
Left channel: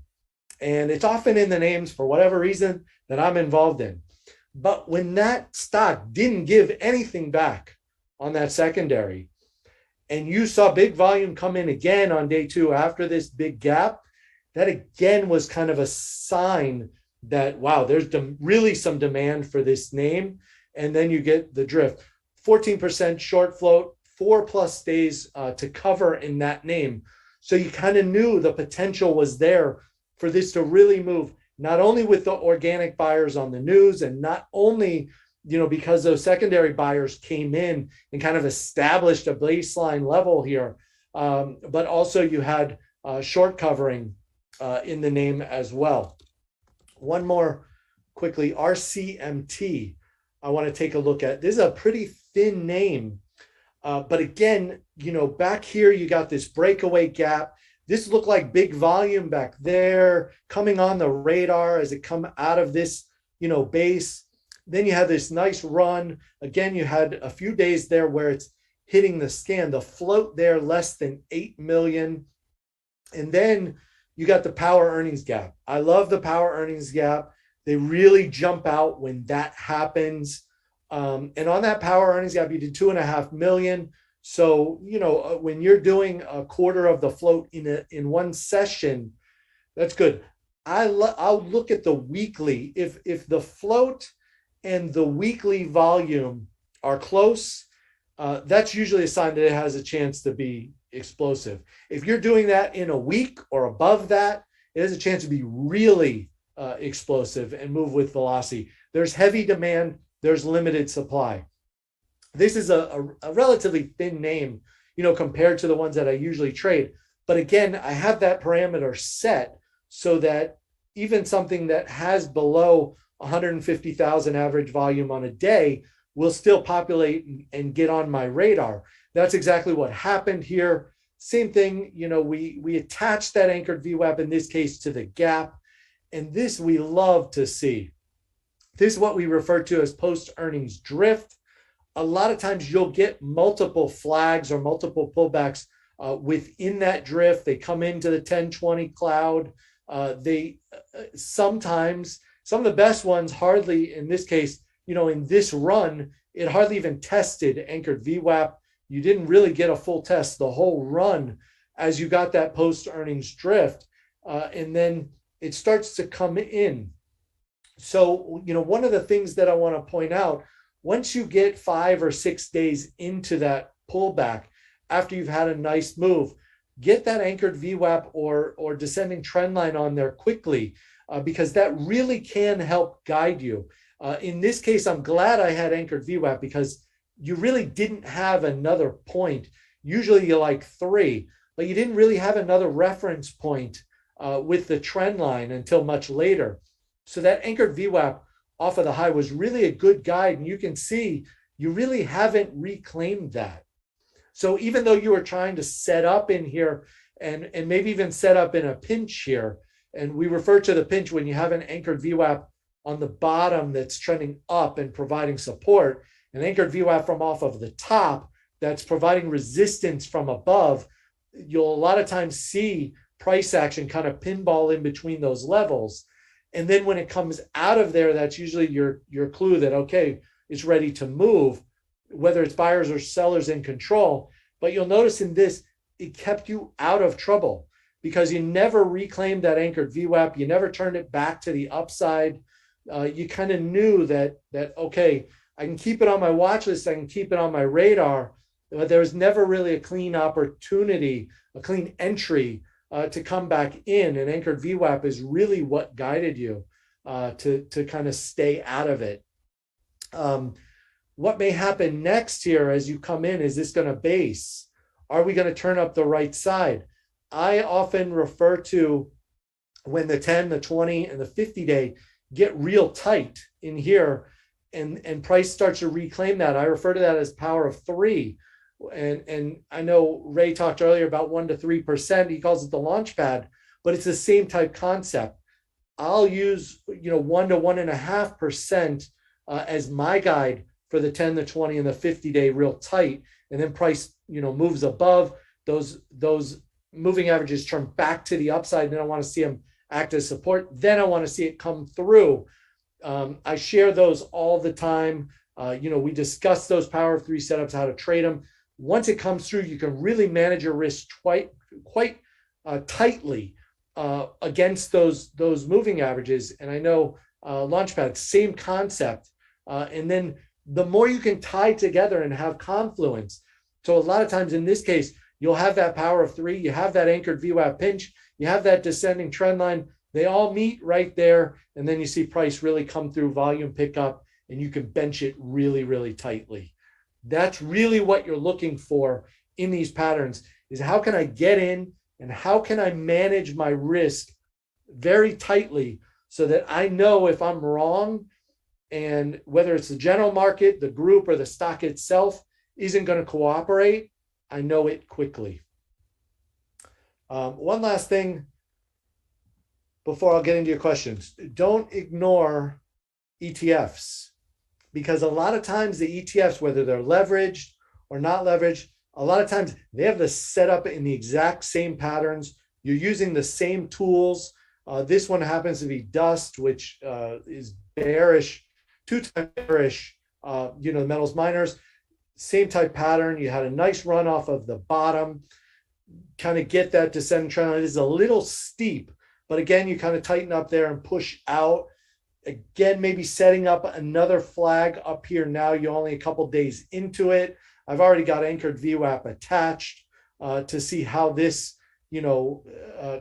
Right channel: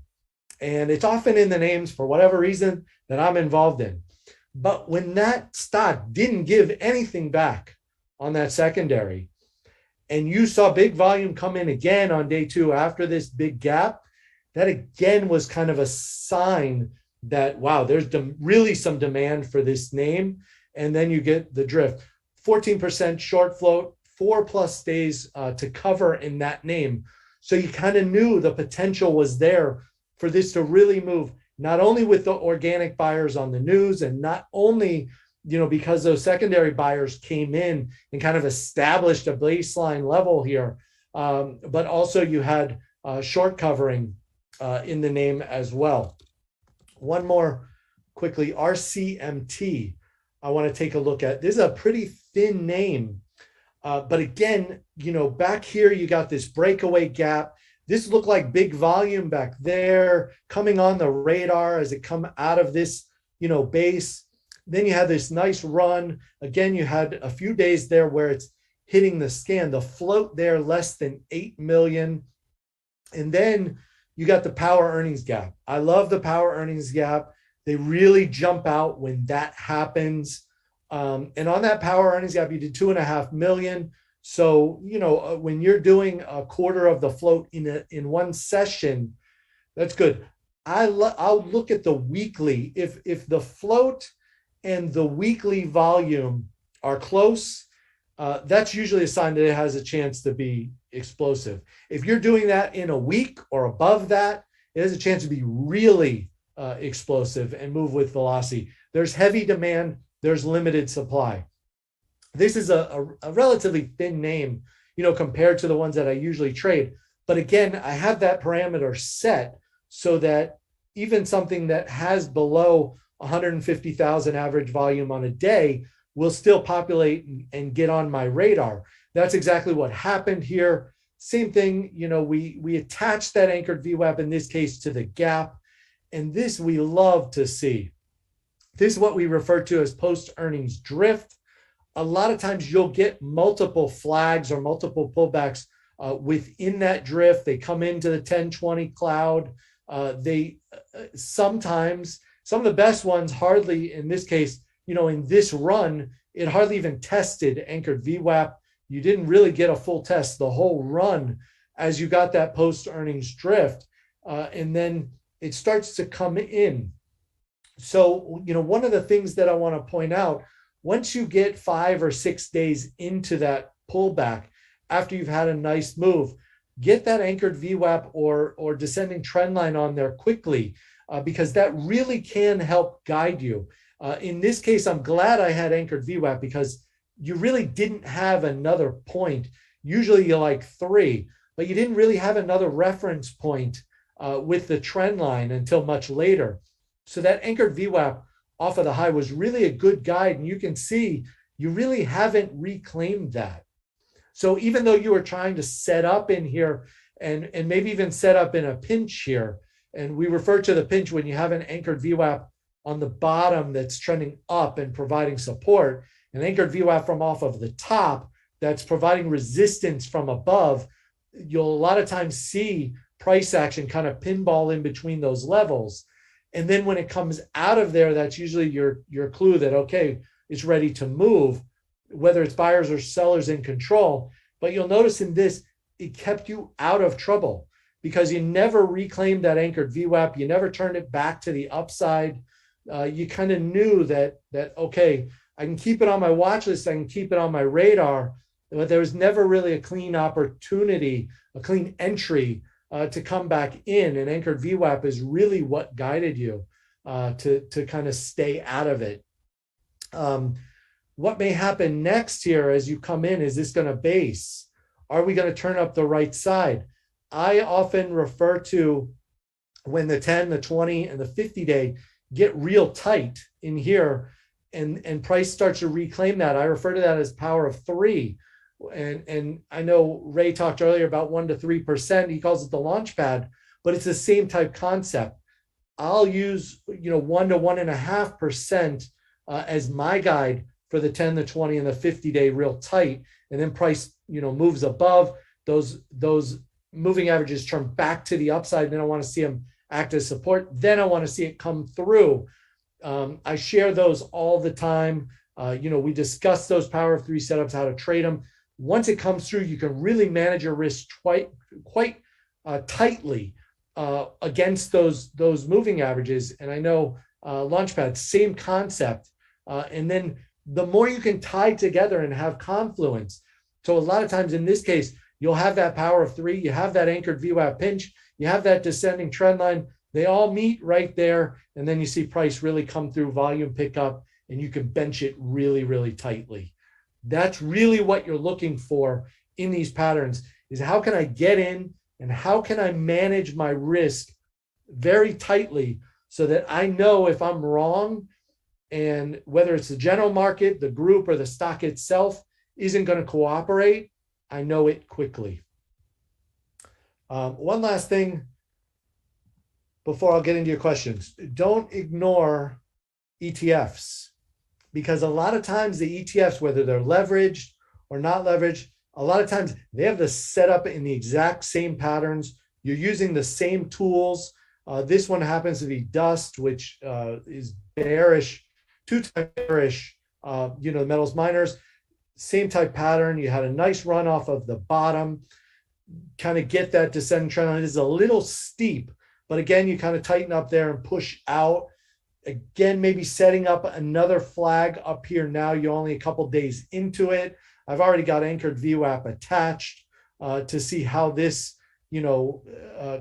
And it's often in the names for whatever reason that I'm involved in. But when that stock didn't give anything back on that secondary, and you saw big volume come in again on day 2 after this big gap, that again was kind of a sign that, wow, there's really some demand for this name. And then you get the drift. 14% short float, 4+ days to cover in that name. So you kind of knew the potential was there for this to really move, not only with the organic buyers on the news, and not only, because those secondary buyers came in and kind of established a baseline level here, but also you had short covering in the name as well. One more quickly, RCMT, I want to take a look at. This is a pretty thin name, but again, back here you got this breakaway gap. This looked like big volume back there coming on the radar as it come out of this, base. Then you had this nice run. Again, you had a few days there where it's hitting the scan, the float there less than 8 million. And then you got the power earnings gap. I love the power earnings gap. They really jump out when that happens. And on that power earnings gap, you did 2.5 million. So, when you're doing a quarter of the float in one session, that's good. I'll look at the weekly. If the float and the weekly volume are close, that's usually a sign that it has a chance to be explosive. If you're doing that in a week or above that, it has a chance to be really explosive and move with velocity. There's heavy demand, there's limited supply. This is a relatively thin name, compared to the ones that I usually trade. But again, I have that parameter set so that even something that has below 150,000 average volume on a day will still populate and get on my radar. That's exactly what happened here. Same thing, we attach that anchored VWAP in this case to the gap. And this we love to see. This is what we refer to as post-earnings drift. A lot of times you'll get multiple flags or multiple pullbacks within that drift. They come into the 1020 cloud. They sometimes, some of the best ones hardly, in this case, in this run, it hardly even tested anchored VWAP. You didn't really get a full test the whole run as you got that post-earnings drift. And then it starts to come in. So, one of the things that I want to point out, once you get 5 or 6 days into that pullback, after you've had a nice move, get that anchored VWAP or descending trend line on there quickly, because that really can help guide you. In this case, I'm glad I had anchored VWAP because you really didn't have another point. Usually you like 3, but you didn't really have another reference point with the trend line until much later. So that anchored VWAP off of the high was really a good guide. And you can see you really haven't reclaimed that. So even though you were trying to set up in here and maybe even set up in a pinch here, and we refer to the pinch when you have an anchored VWAP on the bottom that's trending up and providing support, an anchored VWAP from off of the top that's providing resistance from above, you'll a lot of times see price action kind of pinball in between those levels. And then when it comes out of there, that's usually your clue that, okay, it's ready to move, whether it's buyers or sellers in control. But you'll notice in this, it kept you out of trouble because you never reclaimed that anchored VWAP. You never turned it back to the upside. You kind of knew that, okay, I can keep it on my watch list. I can keep it on my radar, but there was never really a clean opportunity, a clean entry to come back in. And anchored VWAP is really what guided you to kind of stay out of it. What may happen next here as you come in, is this going to base? Are we going to turn up the right side? I often refer to when the 10, the 20, and the 50-day get real tight in here and price starts to reclaim that. I refer to that as power of 3. And I know Ray talked earlier about 1 to 3%. He calls it the launch pad, but it's the same type concept. I'll use 1 to 1.5% as my guide for the 10, the 20, and the 50-day real tight. And then price moves above those moving averages, turn back to the upside. Then I want to see them act as support. Then I want to see it come through. I share those all the time. We discuss those power of 3 setups, how to trade them. Once it comes through, you can really manage your risk quite tightly against those moving averages. And I know Launchpad, same concept. And then the more you can tie together and have confluence. So a lot of times in this case, you'll have that power of 3, you have that anchored VWAP pinch, you have that descending trend line. They all meet right there. And then you see price really come through, volume pickup, and you can bench it really, really tightly. That's really what you're looking for in these patterns, is how can I get in and how can I manage my risk very tightly so that I know if I'm wrong, and whether it's the general market, the group, or the stock itself isn't going to cooperate, I know it quickly. One last thing before I'll get into your questions. Don't ignore ETFs, because a lot of times the ETFs, whether they're leveraged or not leveraged, a lot of times they have the setup in the exact same patterns. You're using the same tools. This one happens to be Dust, which is bearish, 2-time bearish, the metals miners, same type pattern. You had a nice run off of the bottom, kind of get that descending trend line. It is a little steep, but again, you kind of tighten up there and push out. Again, maybe setting up another flag up here. Now you're only a couple days into it. I've already got anchored VWAP attached to see how this,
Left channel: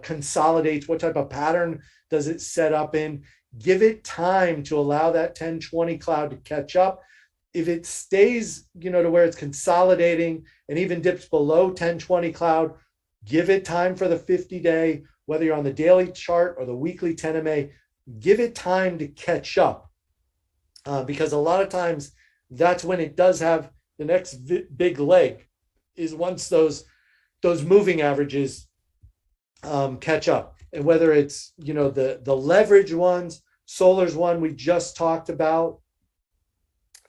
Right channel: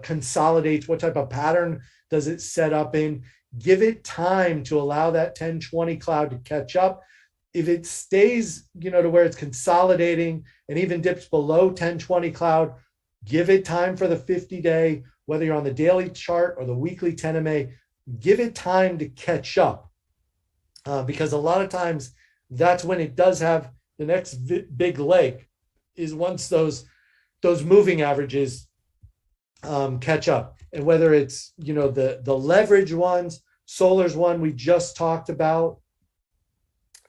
consolidates. What type of pattern does it set up in? Give it time to allow that 10-20 cloud to catch up. If it stays, to where it's consolidating and even dips below 10-20 cloud, Give it time for the 50-day, whether you're on the daily chart or the weekly 10 MA, give it time to catch up. Because a lot of times that's when it does have the next big leg, is once those moving averages catch up. And whether it's, the leverage ones, Solar's one we just talked about,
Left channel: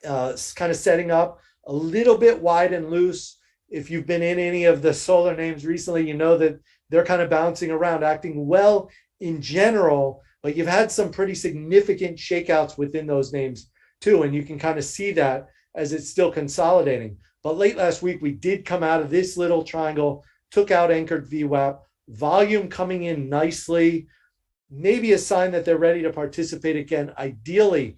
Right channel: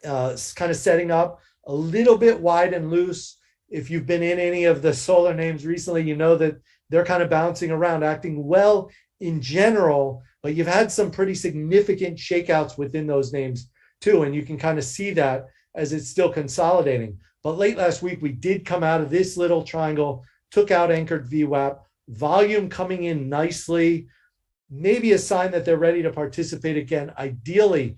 kind of setting up a little bit wide and loose. If you've been in any of the Solar names recently, you know that they're kind of bouncing around, acting well in general, but you've had some pretty significant shakeouts within those names too. And you can kind of see that as it's still consolidating. But late last week, we did come out of this little triangle, took out anchored VWAP, volume coming in nicely, maybe a sign that they're ready to participate again. Ideally,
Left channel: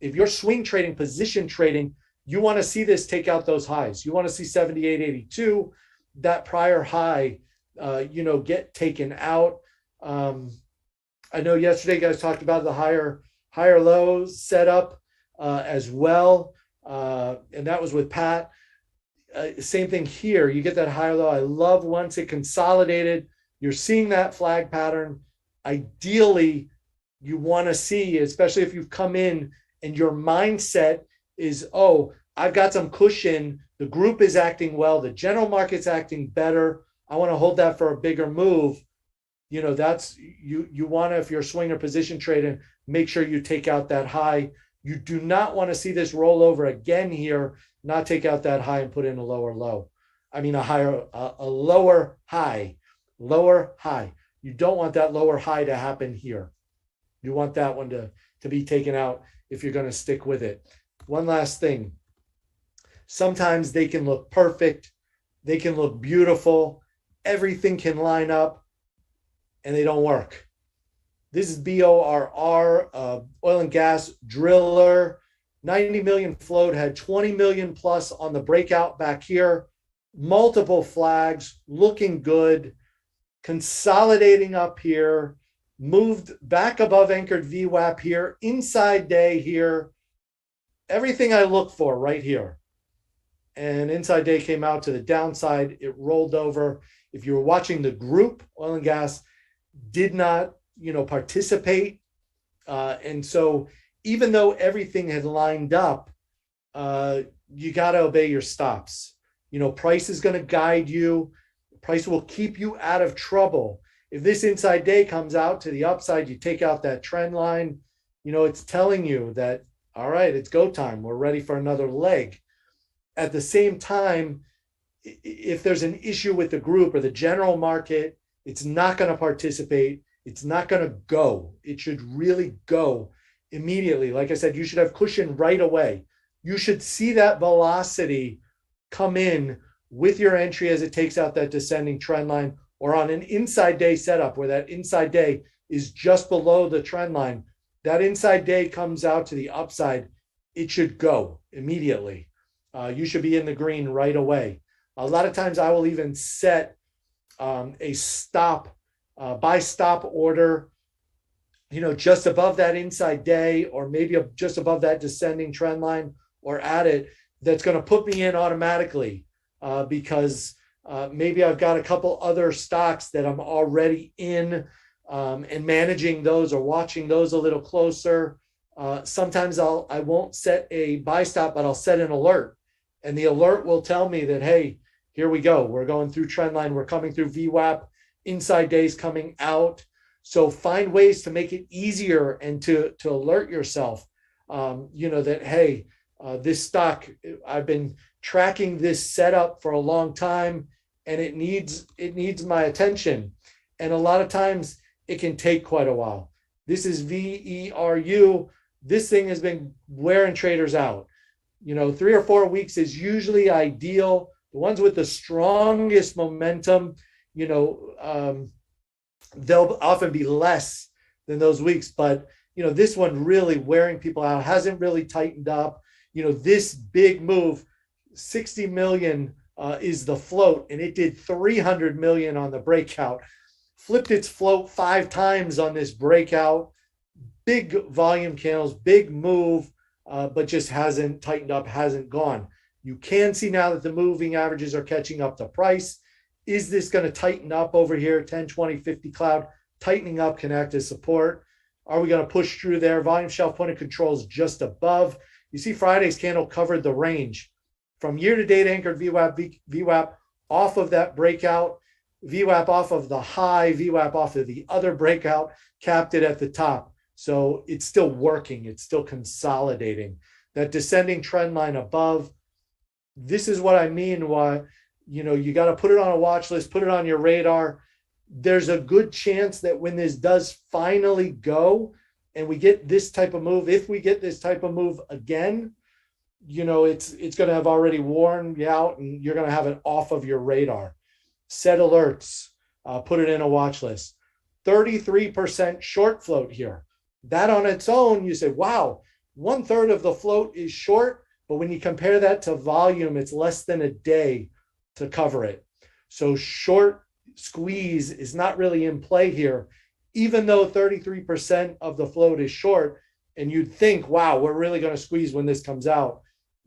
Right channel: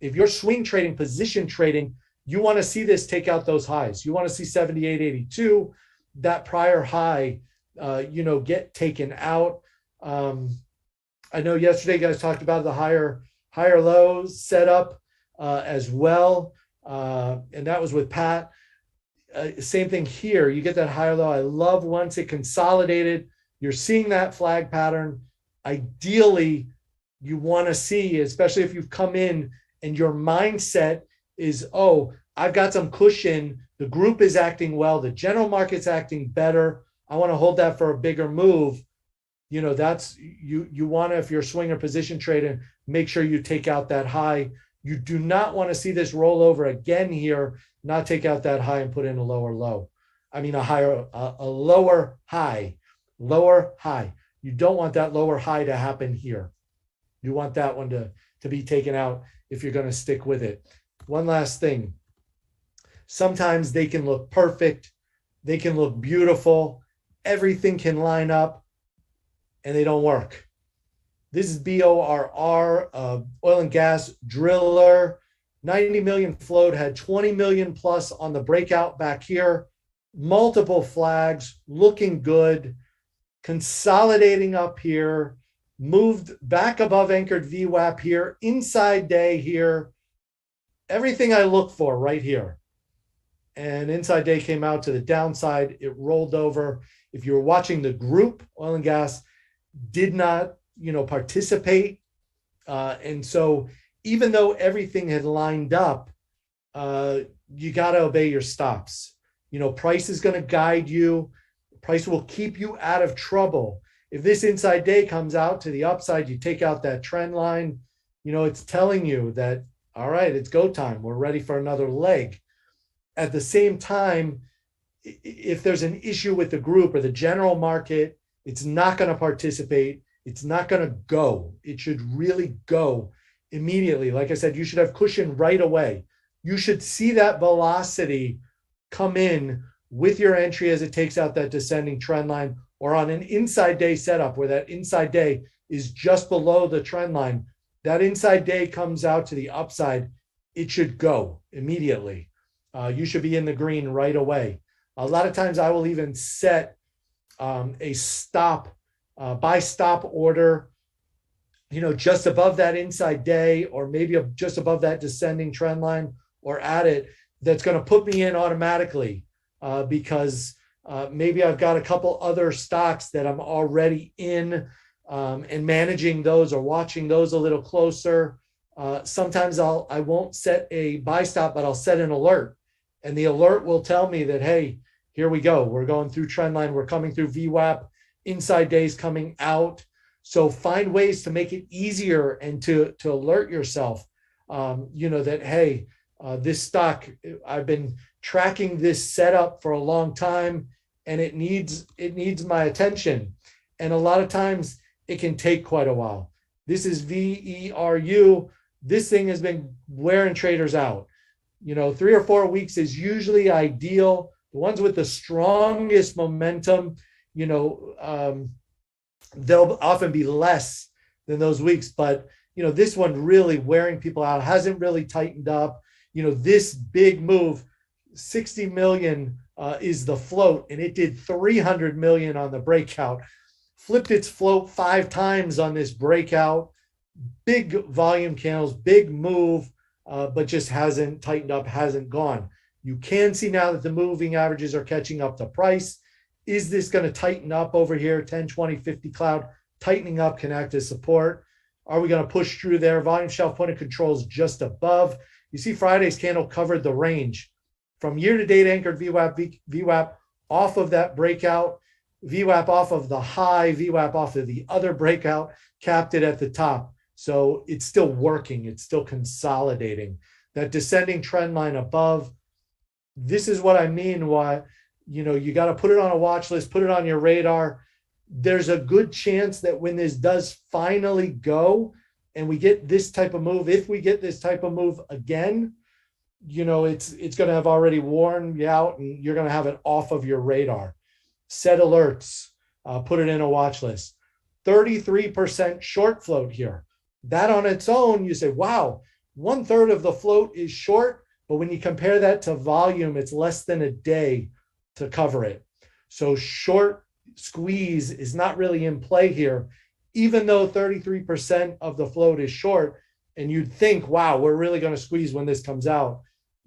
if you're swing trading, position trading, you want to see this take out those highs. You want to see 78.82, that prior high, get taken out. I know yesterday you guys talked about the higher lows setup as well. And that was with Pat. Same thing here. You get that higher low. I love once it consolidated, you're seeing that flag pattern. Ideally, you want to see, especially if you've come in and your mindset is, oh, I've got some cushion. The group is acting well. The general market's acting better. I want to hold that for a bigger move. That's you want to, if you're a swinger position trading, make sure you take out that high. You do not want to see this roll over again here, not take out that high and put in a lower low. I mean, a lower high. You don't want that lower high to happen here. You want that one to be taken out if you're going to stick with it. One last thing. Sometimes they can look perfect. They can look beautiful. Everything can line up and they don't work. This is BORR, oil and gas driller. 90 million float, had 20 million plus on the breakout back here. Multiple flags, looking good. Consolidating up here. Moved back above anchored VWAP here. Inside day here. Everything I look for right here. And inside day came out to the downside. It rolled over. If you were watching the group, oil and gas did not, participate. And so even though everything had lined up, you got to obey your stops. Price is going to guide you. Price will keep you out of trouble. If this inside day comes out to the upside, you take out that trend line, it's telling you that, all right, it's go time. We're ready for another leg. At the same time, if there's an issue with the group or the general market, it's not going to participate. It's not going to go. It should really go immediately. Like I said, you should have cushion right away. You should see that velocity come in with your entry as it takes out that descending trend line, or on an inside day setup where that inside day is just below the trend line. That inside day comes out to the upside. It should go immediately. You should be in the green right away. A lot of times I will even set a stop, buy stop order, just above that inside day, or maybe just above that descending trend line, or at it, that's going to put me in automatically because maybe I've got a couple other stocks that I'm already in and managing those or watching those a little closer. Sometimes I won't set a buy stop, but I'll set an alert. And the alert will tell me that, hey, here we go. We're going through trend line. We're coming through VWAP, inside days coming out. So find ways to make it easier and to alert yourself, that, hey, this stock, I've been tracking this setup for a long time and it needs my attention. And a lot of times it can take quite a while. This is VERU. This thing has been wearing traders out. 3 or 4 weeks is usually ideal. The ones with the strongest momentum, they'll often be less than those weeks. But, this one really wearing people out, hasn't really tightened up. This big move, 60 million is the float, and it did 300 million on the breakout. Flipped its float 5 times on this breakout. Big volume candles, big move, but just hasn't tightened up, hasn't gone. You can see now that the moving averages are catching up to price. Is this going to tighten up over here? 10, 20, 50 cloud, tightening up can act as support. Are we going to push through there? Volume shelf point of control is just above. You see Friday's candle covered the range from year-to-date anchored VWAP off of that breakout, VWAP off of the high, VWAP off of the other breakout, capped it at the top. So it's still working. It's still consolidating. That descending trend line above, this is what I mean why, you got to put it on a watch list, put it on your radar. There's a good chance that when this does finally go and we get this type of move, if we get this type of move again, it's going to have already worn you out and you're going to have it off of your radar. Set alerts, put it in a watch list. 33% short float here. That on its own, you say, wow, 1/3 of the float is short. But when you compare that to volume, it's less than a day to cover it. So short squeeze is not really in play here, even though 33% of the float is short. And you'd think, wow, we're really going to squeeze when this comes out.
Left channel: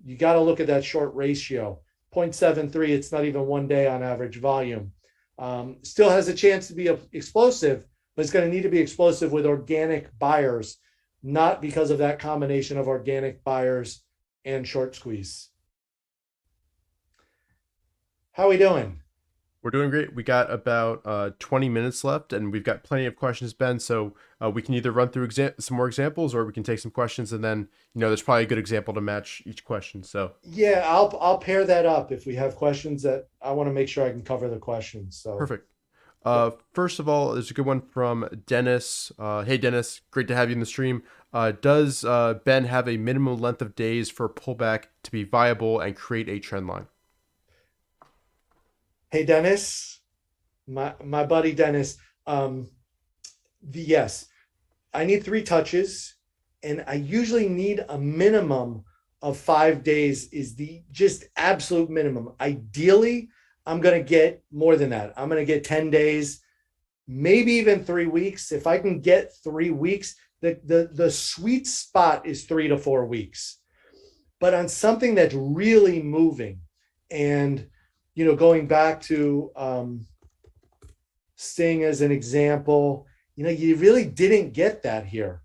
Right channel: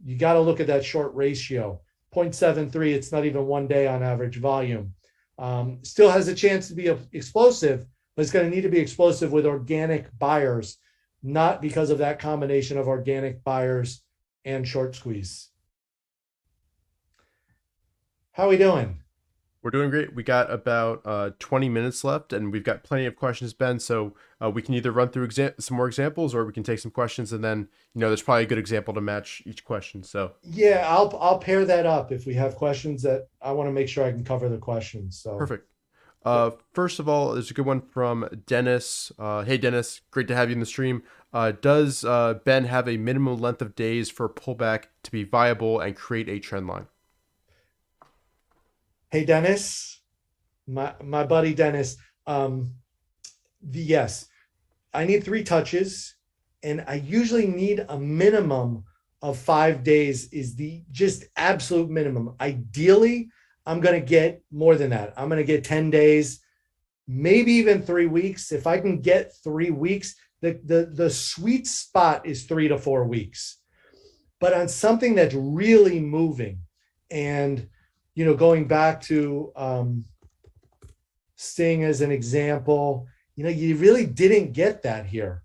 You got to look at that short ratio, 0.73. It's not even 1 day on average volume. Still has a chance to be explosive, but it's going to need to be explosive with organic buyers, not because of that combination of organic buyers and short squeeze. How are we doing? We're doing great. We got about 20 minutes left, and we've got plenty of questions, Ben. So we can either run through some more examples, or we can take some questions, and then there's probably a good example to match each question. So yeah, I'll pair that up if we have questions that I want to make sure I can cover the questions. So perfect. First of all, there's a good one from Dennis. Hey, Dennis, great to have you in the stream. Does Ben have a minimum length of days for pullback to be viable and create a trend line? Hey, Dennis, my buddy Dennis. Yes, I need 3 touches, and I usually need a minimum of 5 days is the just absolute minimum. Ideally, I'm going to get more than that. I'm going to get 10 days, maybe even 3 weeks. If I can get 3 weeks, the sweet spot is 3 to 4 weeks. But on something that's really moving, and going back to Sting as an example, you really didn't get that here.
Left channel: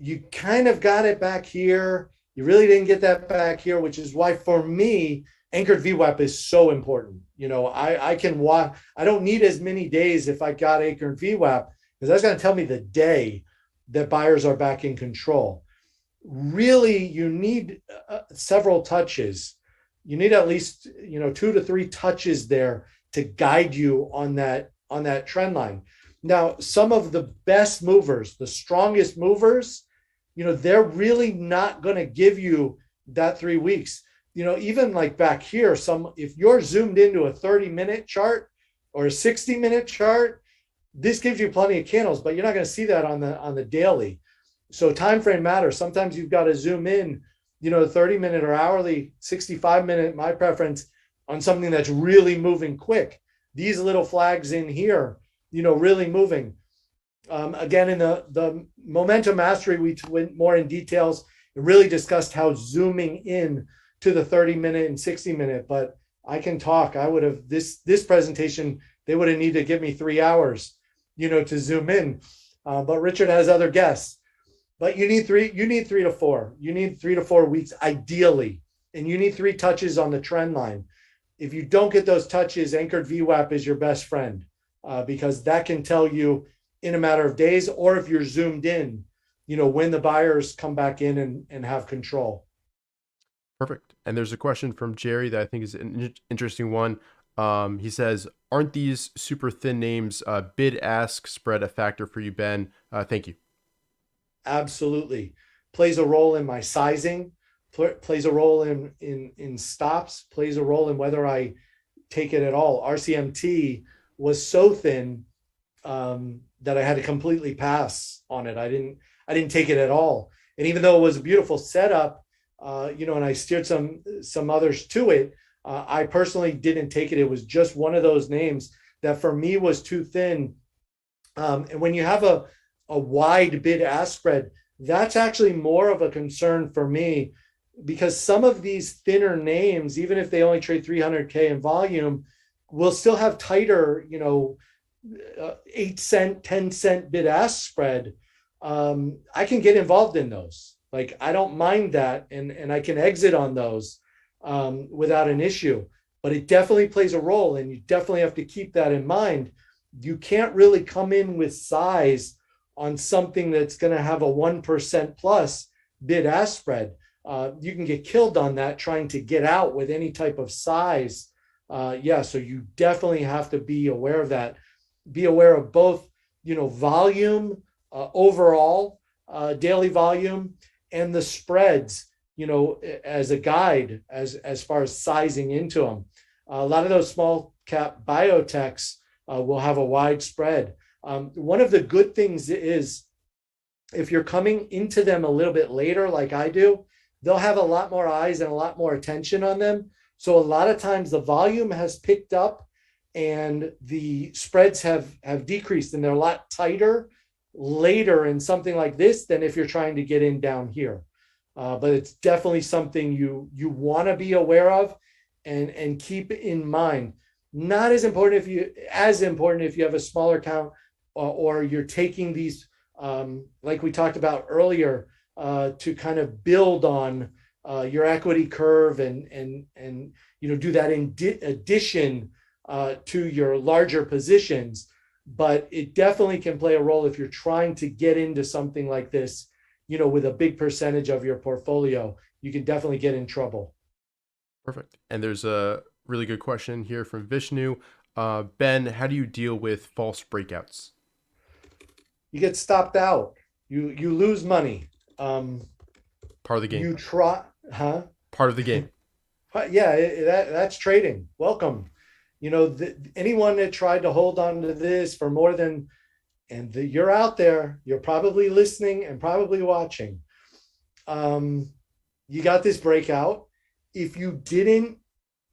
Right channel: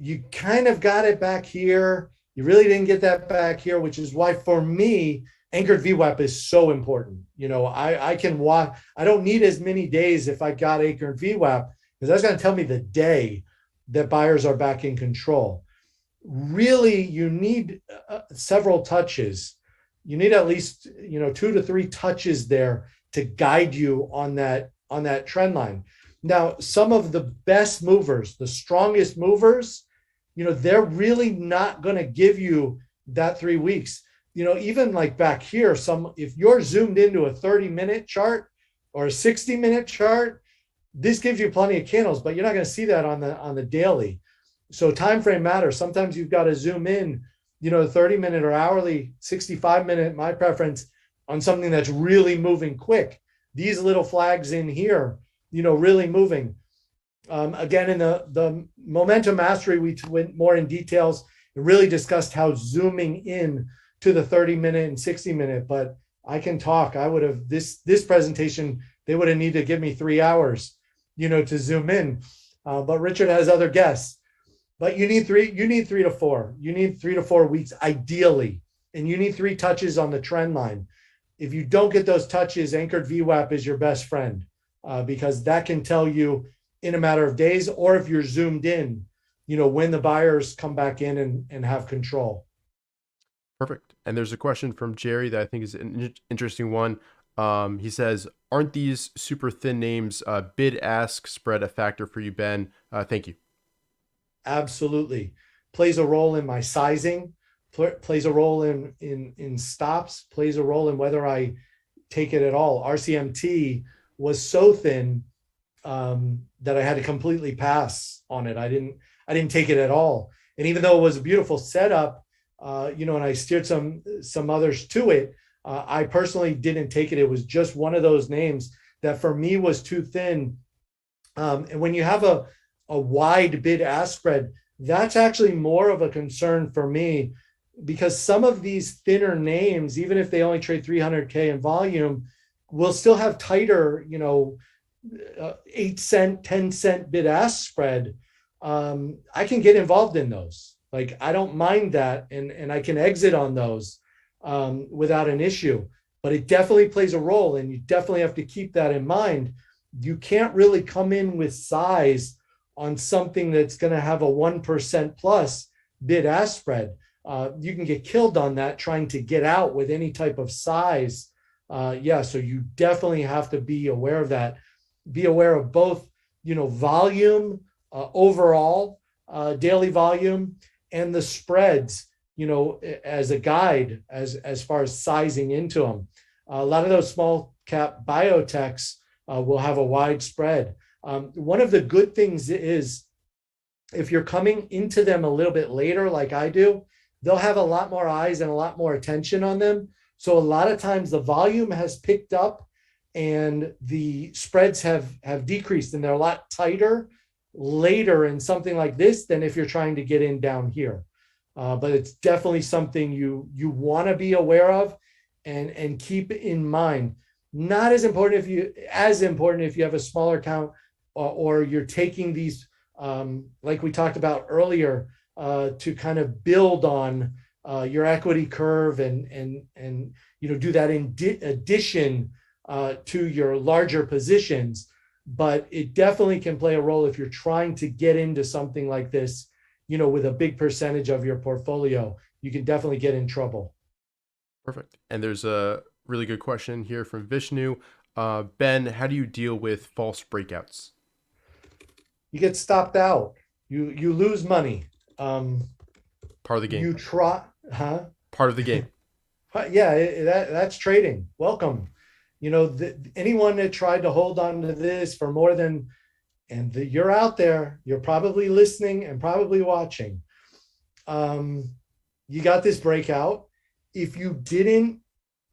You kind of got it back here. You really didn't get that back here, which is why for me, anchored VWAP is so important. I can watch. I don't need as many days if I got anchored VWAP, because that's going to tell me the day that buyers are back in control. Really, you need several touches. You need at least 2 to 3 touches there to guide you on that trend line. Now, some of the best movers, the strongest movers, they're really not going to give you that 3 weeks. Even like back here, if you're zoomed into a 30-minute chart or a 60-minute chart, this gives you plenty of candles, but you're not going to see that on the daily. So time frame matters. Sometimes you've got to zoom in 30-minute or hourly, 65-minute, my preference, on something that's really moving quick. These little flags in here, really moving. Again, in the Momentum Mastery, we went more in details and really discussed how zooming in to the 30-minute and 60-minute, but I can talk. I would have, this presentation, they would have needed to give me 3 hours, to zoom in. But Richard has other guests. But you need 3 to 4. You need 3 to 4 weeks ideally. And you need 3 touches on the trend line. If you don't get those touches, anchored VWAP is your best friend, because that can tell you in a matter of days, or if you're zoomed in, when the buyers come back in and have control. Perfect. And there's a question from Jerry that I think is an interesting one. He says, aren't these super thin names bid-ask spread a factor for you, Ben? Thank you. Absolutely. Plays a role in my sizing, plays a role in stops, plays a role in whether I take it at all. RCMT was so thin that I had to completely pass on it. I didn't take it at all. And even though it was a beautiful setup, and I steered some others to it, I personally didn't take it. It was just one of those names that for me was too thin. And when you have a wide bid-ask spread, that's actually more of a concern for me, because some of these thinner names, even if they only trade 300K in volume, we'll still have tighter, 8 cent, 10 cent bid ask spread. I can get involved in those. Like, I don't mind that, and I can exit on those without an issue. But it definitely plays a role, and you definitely have to keep that in mind. You can't really come in with size on something that's going to have a 1% plus bid ask spread. You can get killed on that trying to get out with any type of size. So you definitely have to be aware of that. Be aware of both, volume, overall daily volume, and the spreads, as a guide as far as sizing into them. A lot of those small cap biotechs will have a wide spread. One of the good things is, if you're coming into them a little bit later, like I do, they'll have a lot more eyes and a lot more attention on them. So a lot of times the volume has picked up and the spreads have decreased, and they're a lot tighter later in something like this than if you're trying to get in down here. But it's definitely something you want to be aware of and keep in mind. Not as important if you have a smaller account, or you're taking these, like we talked about earlier, to kind of build on your equity curve and do that in addition to your larger positions. But it definitely can play a role if you're trying to get into something like this, with a big percentage of your portfolio. You can definitely get in trouble. Perfect. And there's a really good question here from Vishnu. Ben, how do you deal with false breakouts? You get stopped out. You lose money. Part of the game. You try, huh? Part of the game. Yeah, that's trading. Welcome. Anyone that tried to hold on to this for more than, you're out there, you're probably listening and probably watching. You got this breakout. If you didn't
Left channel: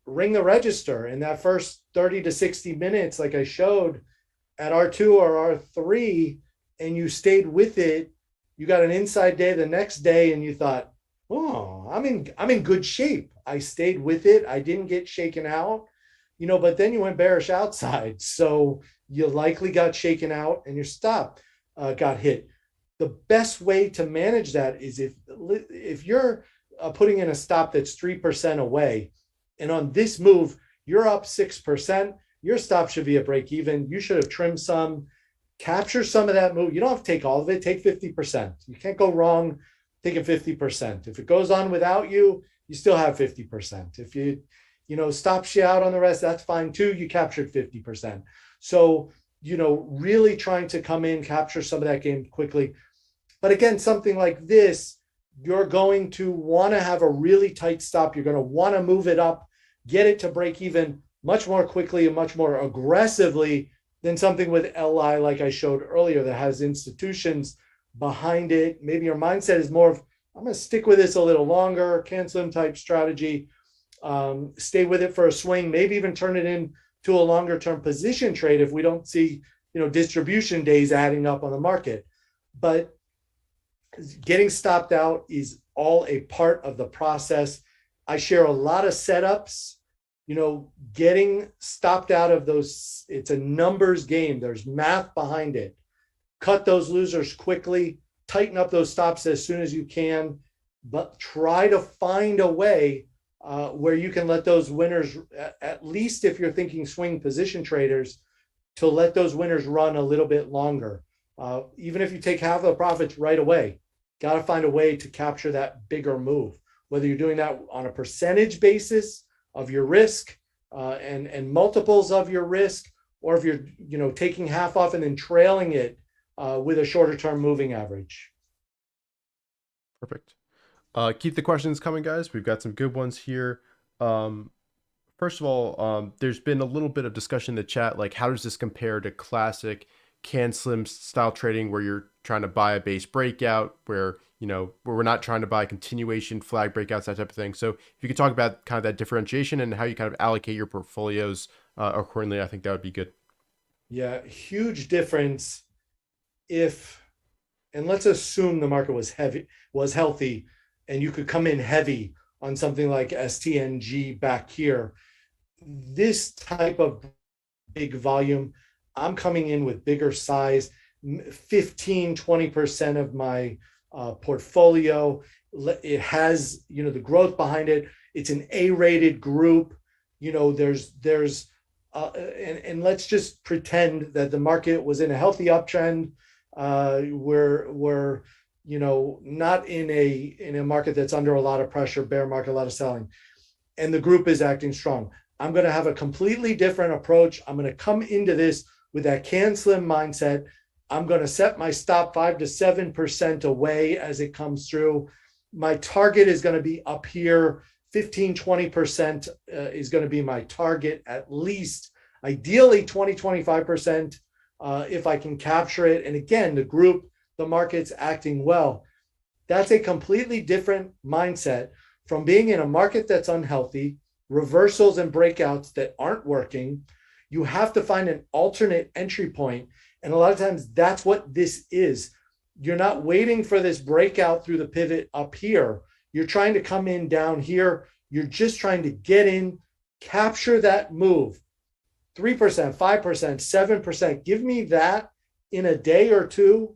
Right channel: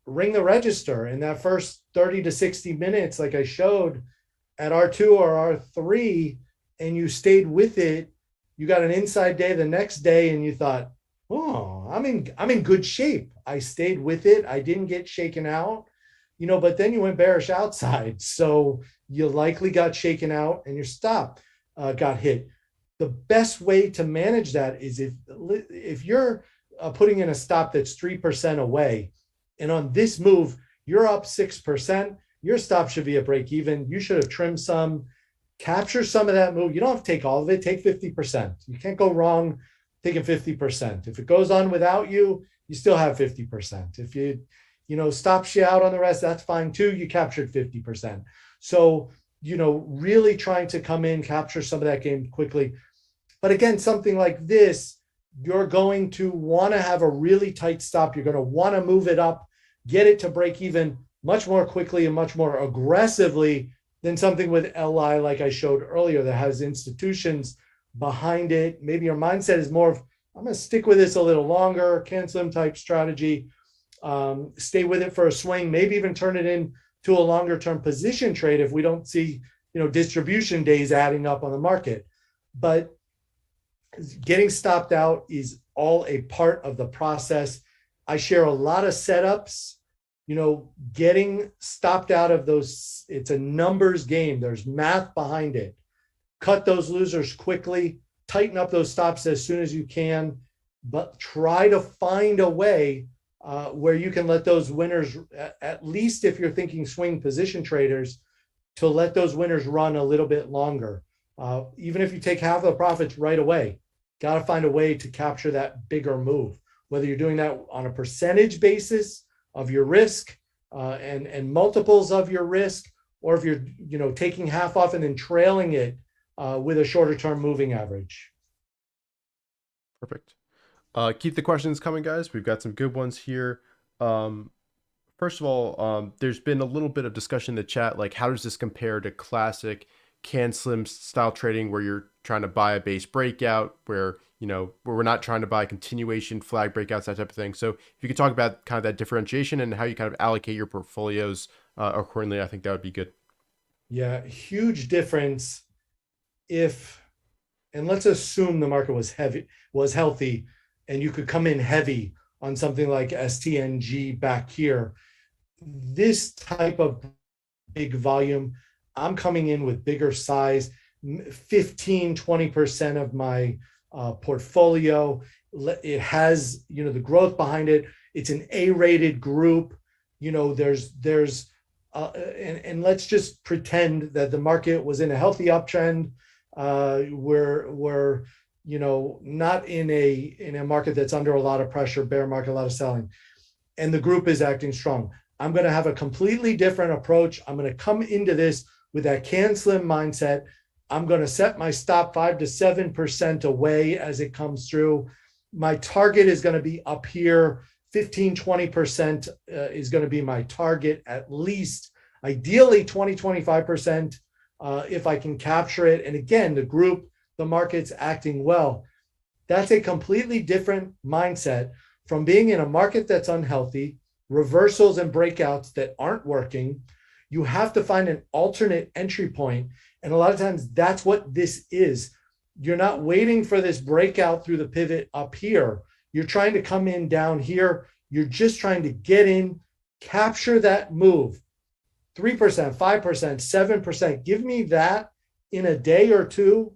ring the register in that first 30 to 60 minutes, like I showed at R2 or R3, and you stayed with it, you got an inside day the next day, and you thought, oh, I'm in good shape. I stayed with it. I didn't get shaken out, but then you went bearish outside. So you likely got shaken out and your stop got hit. The best way to manage that is if you're putting in a stop that's 3% away, and on this move, you're up 6%, your stop should be a break even. You should have trimmed some, capture some of that move. You don't have to take all of it, take 50%. You can't go wrong taking 50%. If it goes on without you, you still have 50%. If you stops you out on the rest, that's fine too. You captured 50%. So, really trying to come in, capture some of that game quickly. But again, something like this, you're going to want to have a really tight stop. You're going to want to move it up, get it to break even much more quickly and much more aggressively than something with LI, like I showed earlier, that has institutions behind it. Maybe your mindset is more of, I'm going to stick with this a little longer, cancel type strategy, stay with it for a swing, maybe even turn it into a longer term position trade if we don't see, distribution days adding up on the market. But getting stopped out is all a part of the process. I share a lot of setups, getting stopped out of those. It's a numbers game. There's math behind it. Cut those losers quickly, tighten up those stops as soon as you can, but try to find a way where you can let those winners, at least if you're thinking swing position traders, to let those winners run a little bit longer. Even if you take half of the profits right away, got to find a way to capture that bigger move, whether you're doing that on a percentage basis of your risk and multiples of your risk, or if you're taking half off and then trailing it with a shorter term moving average. Perfect. Keep the questions coming, guys. We've got some good ones here. First of all, there's been a little bit of discussion in the chat, like how does this compare to classic can slim style trading where you're trying to buy a base breakout, where we're not trying to buy continuation flag breakouts, that type of thing. So if you could talk about kind of that differentiation and how you kind of allocate your portfolios accordingly, I think that would be good. Yeah, huge difference. And let's assume the market was healthy, and you could come in heavy on something like STNG back here. this type of big volume, I'm coming in with bigger size, 15, 20% of my portfolio. It has, the growth behind it. It's an A-rated group. And let's just pretend that the market was in a healthy uptrend. We're not in a market that's under a lot of pressure, bear market, a lot of selling, and the group is acting strong. I'm going to have a completely different approach. I'm going to come into this with that can slim mindset. I'm going to set my stop 5 to 7% away as it comes through. My target is going to be up here. 15, 20% is going to be my target, at least. Ideally 20, 25% if I can capture it. And again, the market's acting well. That's a completely different mindset from being in a market that's unhealthy, reversals and breakouts that aren't working. You have to find an alternate entry point. And a lot of times that's what this is. You're not waiting for this breakout through the pivot up here. You're trying to come in down here. You're just trying to get in, capture that move. 3%, 5%, 7%. Give me that in a day or two,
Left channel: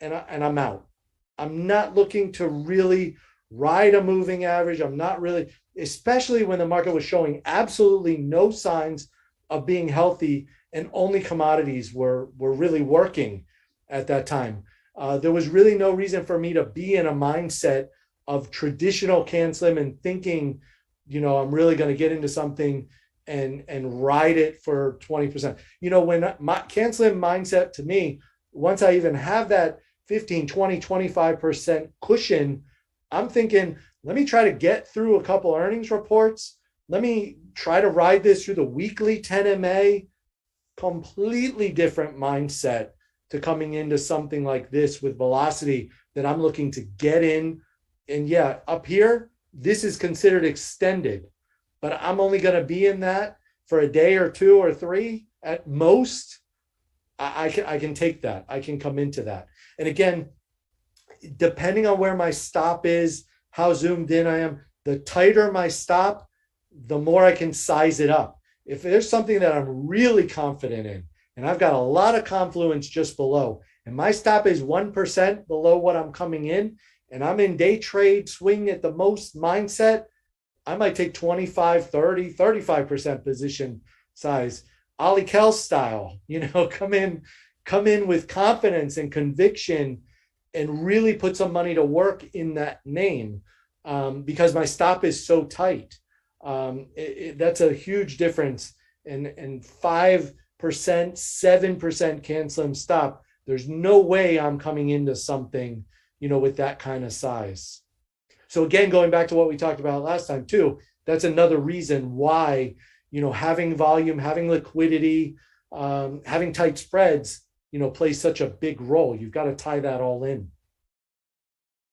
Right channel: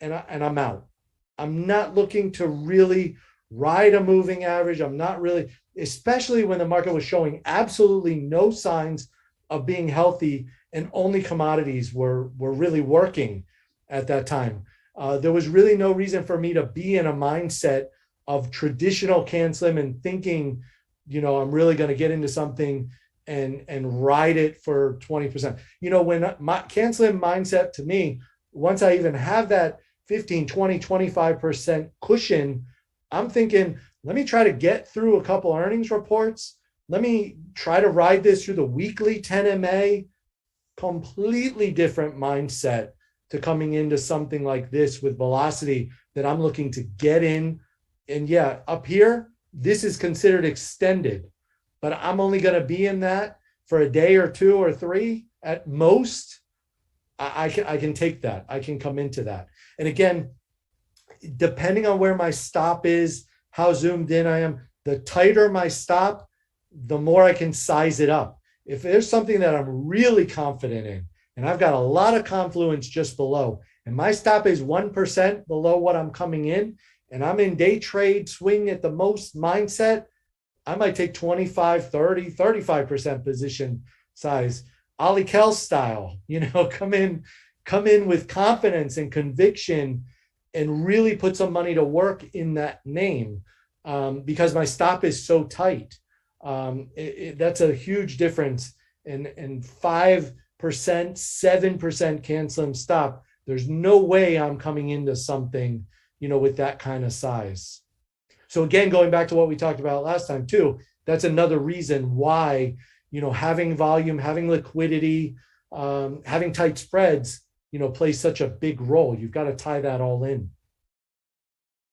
and I'm out. I'm not looking to really ride a moving average. I'm not really, especially when the market was showing absolutely no signs of being healthy and only commodities were really working at that time. There was really no reason for me to be in a mindset of traditional can slim and thinking, I'm really going to get into something and ride it for 20%. When my can slim mindset to me, once I even have that 15, 20, 25% cushion, I'm thinking, let me try to get through a couple earnings reports. Let me try to ride this through the weekly 10 MA. Completely different mindset to coming into something like this with velocity that I'm looking to get in. And yeah, up here, this is considered extended, but I'm only going to be in that for a day or two or three at most. I can take that. I can come into that. And again, depending on where my stop is, how zoomed in I am, the tighter my stop, the more I can size it up. If there's something that I'm really confident in, and I've got a lot of confluence just below, and my stop is 1% below what I'm coming in, and I'm in day trade swing at the most mindset, I might take 25, 30, 35% position size. Ollie Kell style, come in with confidence and conviction and really put some money to work in that name because my stop is so tight. That's a huge difference. And 5%, 7% can slim stop. There's no way I'm coming into something, with that kind of size. So again, going back to what we talked about last time too, that's another reason why, having volume, having liquidity, having tight spreads, plays such a big role. You've got to tie that all in.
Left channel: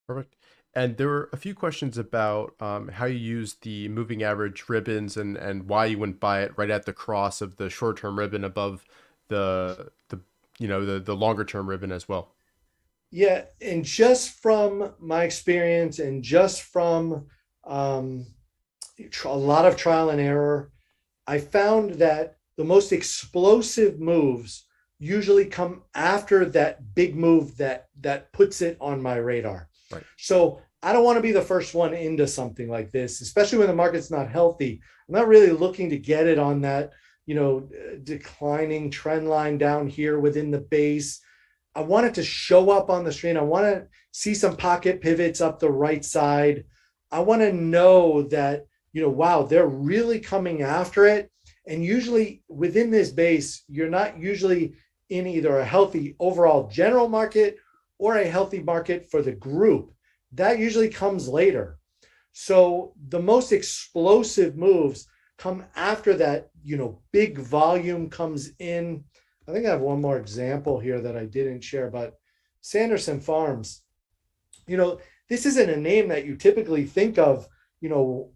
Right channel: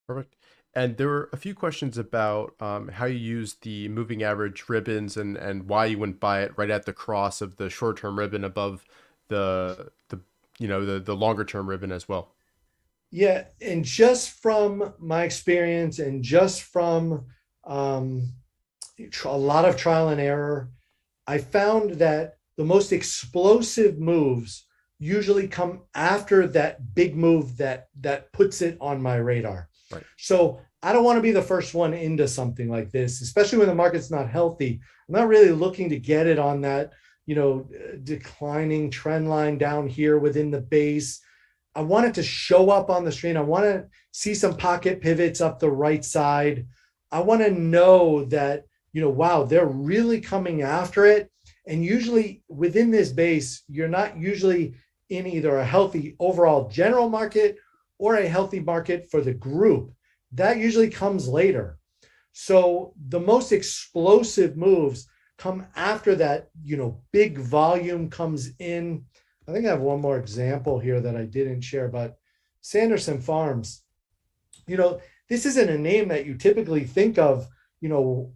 Perfect. And there were a few questions about how you use the moving average ribbons and why you wouldn't buy it right at the cross of the short-term ribbon above the longer term ribbon as well. Yeah, and just from my experience and just from a lot of trial and error, I found that the most explosive moves usually come after that big move that puts it on my radar. Right. So I don't want to be the first one into something like this, especially when the market's not healthy. I'm not really looking to get it on that, declining trend line down here within the base. I want it to show up on the screen. I want to see some pocket pivots up the right side. I want to know that, wow, they're really coming after it. And usually within this base, you're not usually in either a healthy overall general market or a healthy market for the group. That usually comes later. So the most explosive moves come after that, big volume comes in. I think I have one more example here that I didn't share, but Sanderson Farms, this isn't a name that you typically think of, food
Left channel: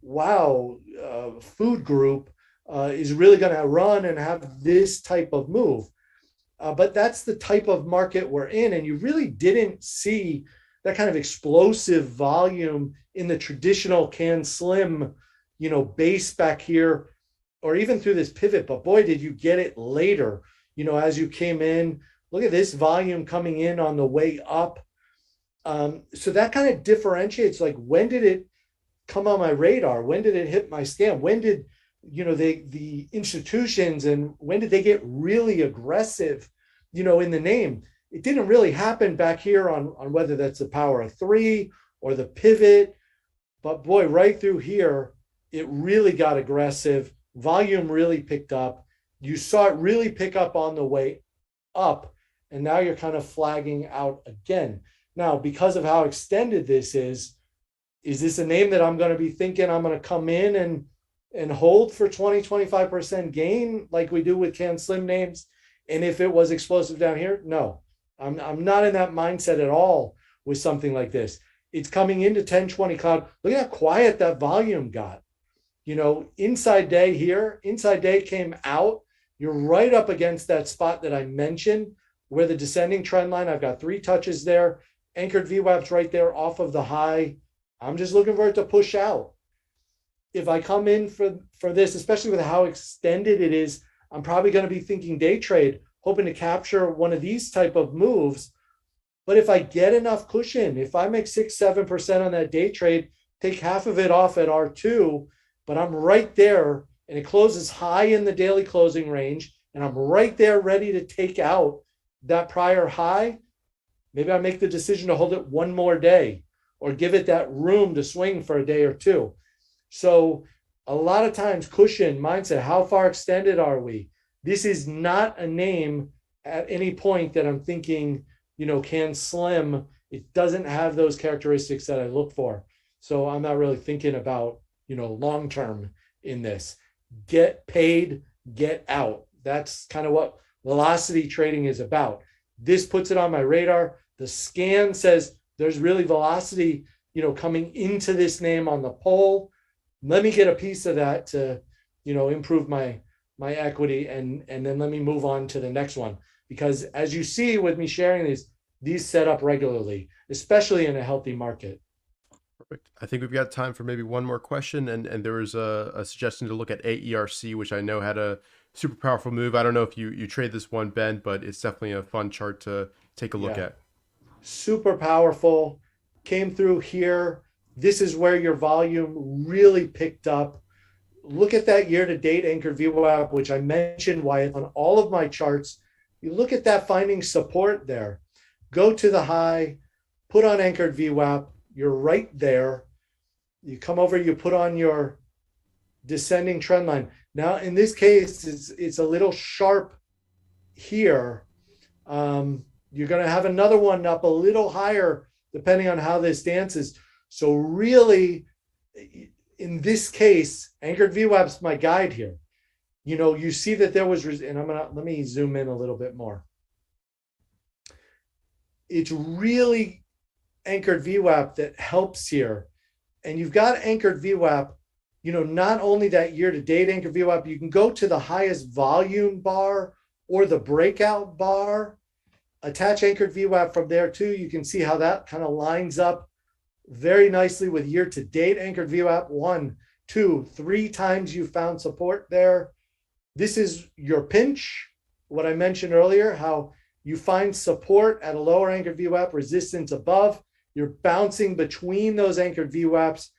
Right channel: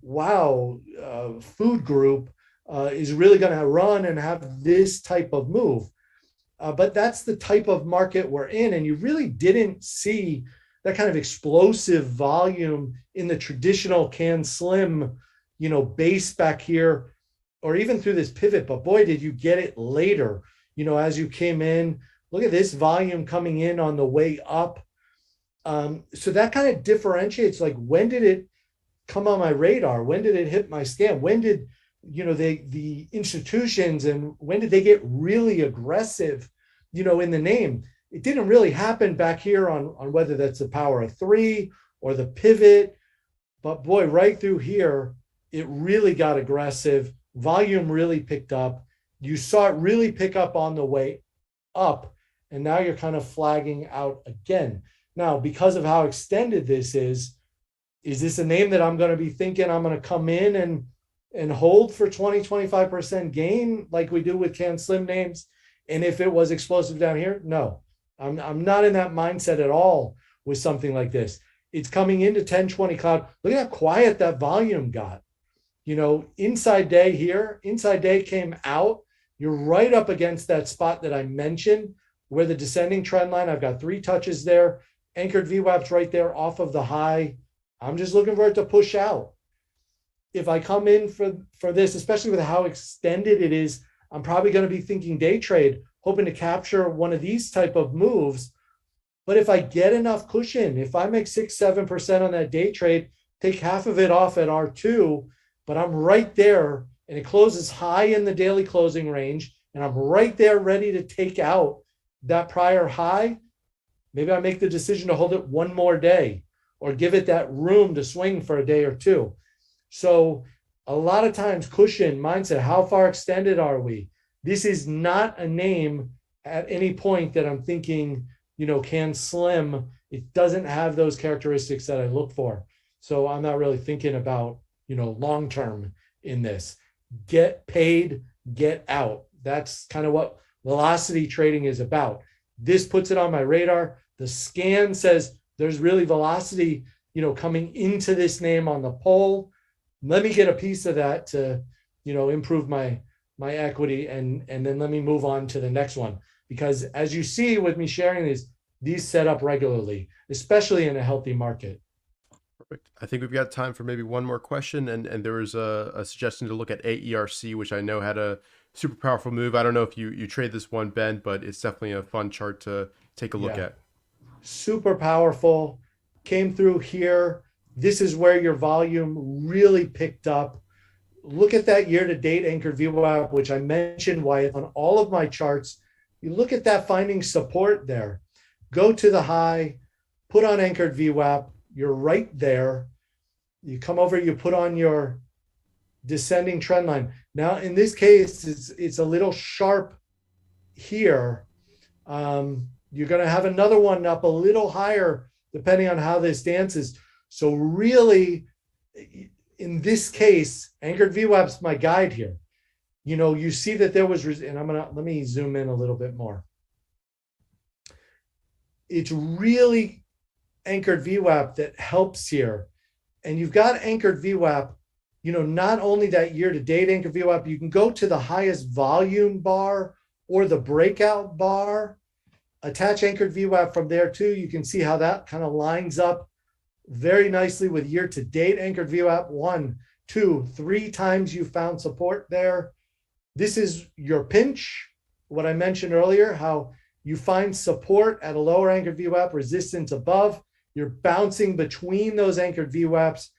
group is really going to run and have this type of move. But that's the type of market we're in. And you really didn't see that kind of explosive volume in the traditional can slim, base back here or even through this pivot, but boy, did you get it later, as you came in. Look at this volume coming in on the way up. So that kind of differentiates, like, when did it come on my radar? When did it hit my scan? When did, the institutions, and when did they get really aggressive, in the name? It didn't really happen back here on whether that's the power of three or the pivot, but boy, right through here, it really got aggressive. Volume really picked up. You saw it really pick up on the way up, and now you're kind of flagging out again. Now, because of how extended this is this a name that I'm going to be thinking I'm going to come in and hold for 20-25% gain like we do with Can Slim names? And if it was explosive down here, no, I'm not in that mindset at all with something like this. It's coming into 10-20 cloud. Look at how quiet that volume got. Inside day here, inside day came out. You're right up against that spot that I mentioned where the descending trend line, I've got 3 touches there, anchored VWAP's right there off of the high. I'm just looking for it to push out. If I come in for this, especially with how extended it is, I'm probably going to be thinking day trade, hoping to capture one of these type of moves. But if I get enough cushion, if I make 6-7% on that day trade, take half of it off at R2, but I'm right there and it closes high in the daily closing range, and I'm right there ready to take out that prior high, maybe I make the decision to hold it one more day or give it that room to swing for a day or two. So a lot of times cushion mindset, how far extended are we? This is not a name at any point that I'm thinking, Can Slim. It doesn't have those characteristics that I look for. So I'm not really thinking about, long-term in this. Get paid, get out. That's kind of what velocity trading is about. This puts it on my radar. The scan says there's really velocity, coming into this name on the poll. Let me get a piece of that to, improve my equity, and then let me move on to the next one. Because as you see with me sharing these set up regularly, especially in a healthy market. Perfect. I think we've got time for maybe one more question. And there was a suggestion to look at AERC, which I know had a super powerful move. I don't know if you trade this one, Ben, but it's definitely a fun chart to take a look at. Super powerful. Came through here. This is where your volume really picked up. Look at that year-to-date anchored VWAP, which I mentioned, Wyatt, on all of my charts. You look at that finding support there. Go to the high, put on anchored VWAP. You're right there. You come over, you put on your descending trend line. Now, in this case, it's a little sharp here. You're going to have another one up a little higher, depending on how this dances. So really, in this case, anchored VWAP's my guide here. You see that there was, and let me zoom in a little bit more. It's really anchored VWAP that helps here. And you've got anchored VWAP, not only that year-to-date anchored VWAP, you can go to the highest volume bar or the breakout bar, attach anchored VWAP from there too. You can see how that kind of lines up very nicely with year-to-date anchored VWAP. 1, 2, 3 times you found support there. This is your pinch, what I mentioned earlier, how you find support at a lower anchored VWAP, resistance above. You're bouncing between those anchored VWAPs,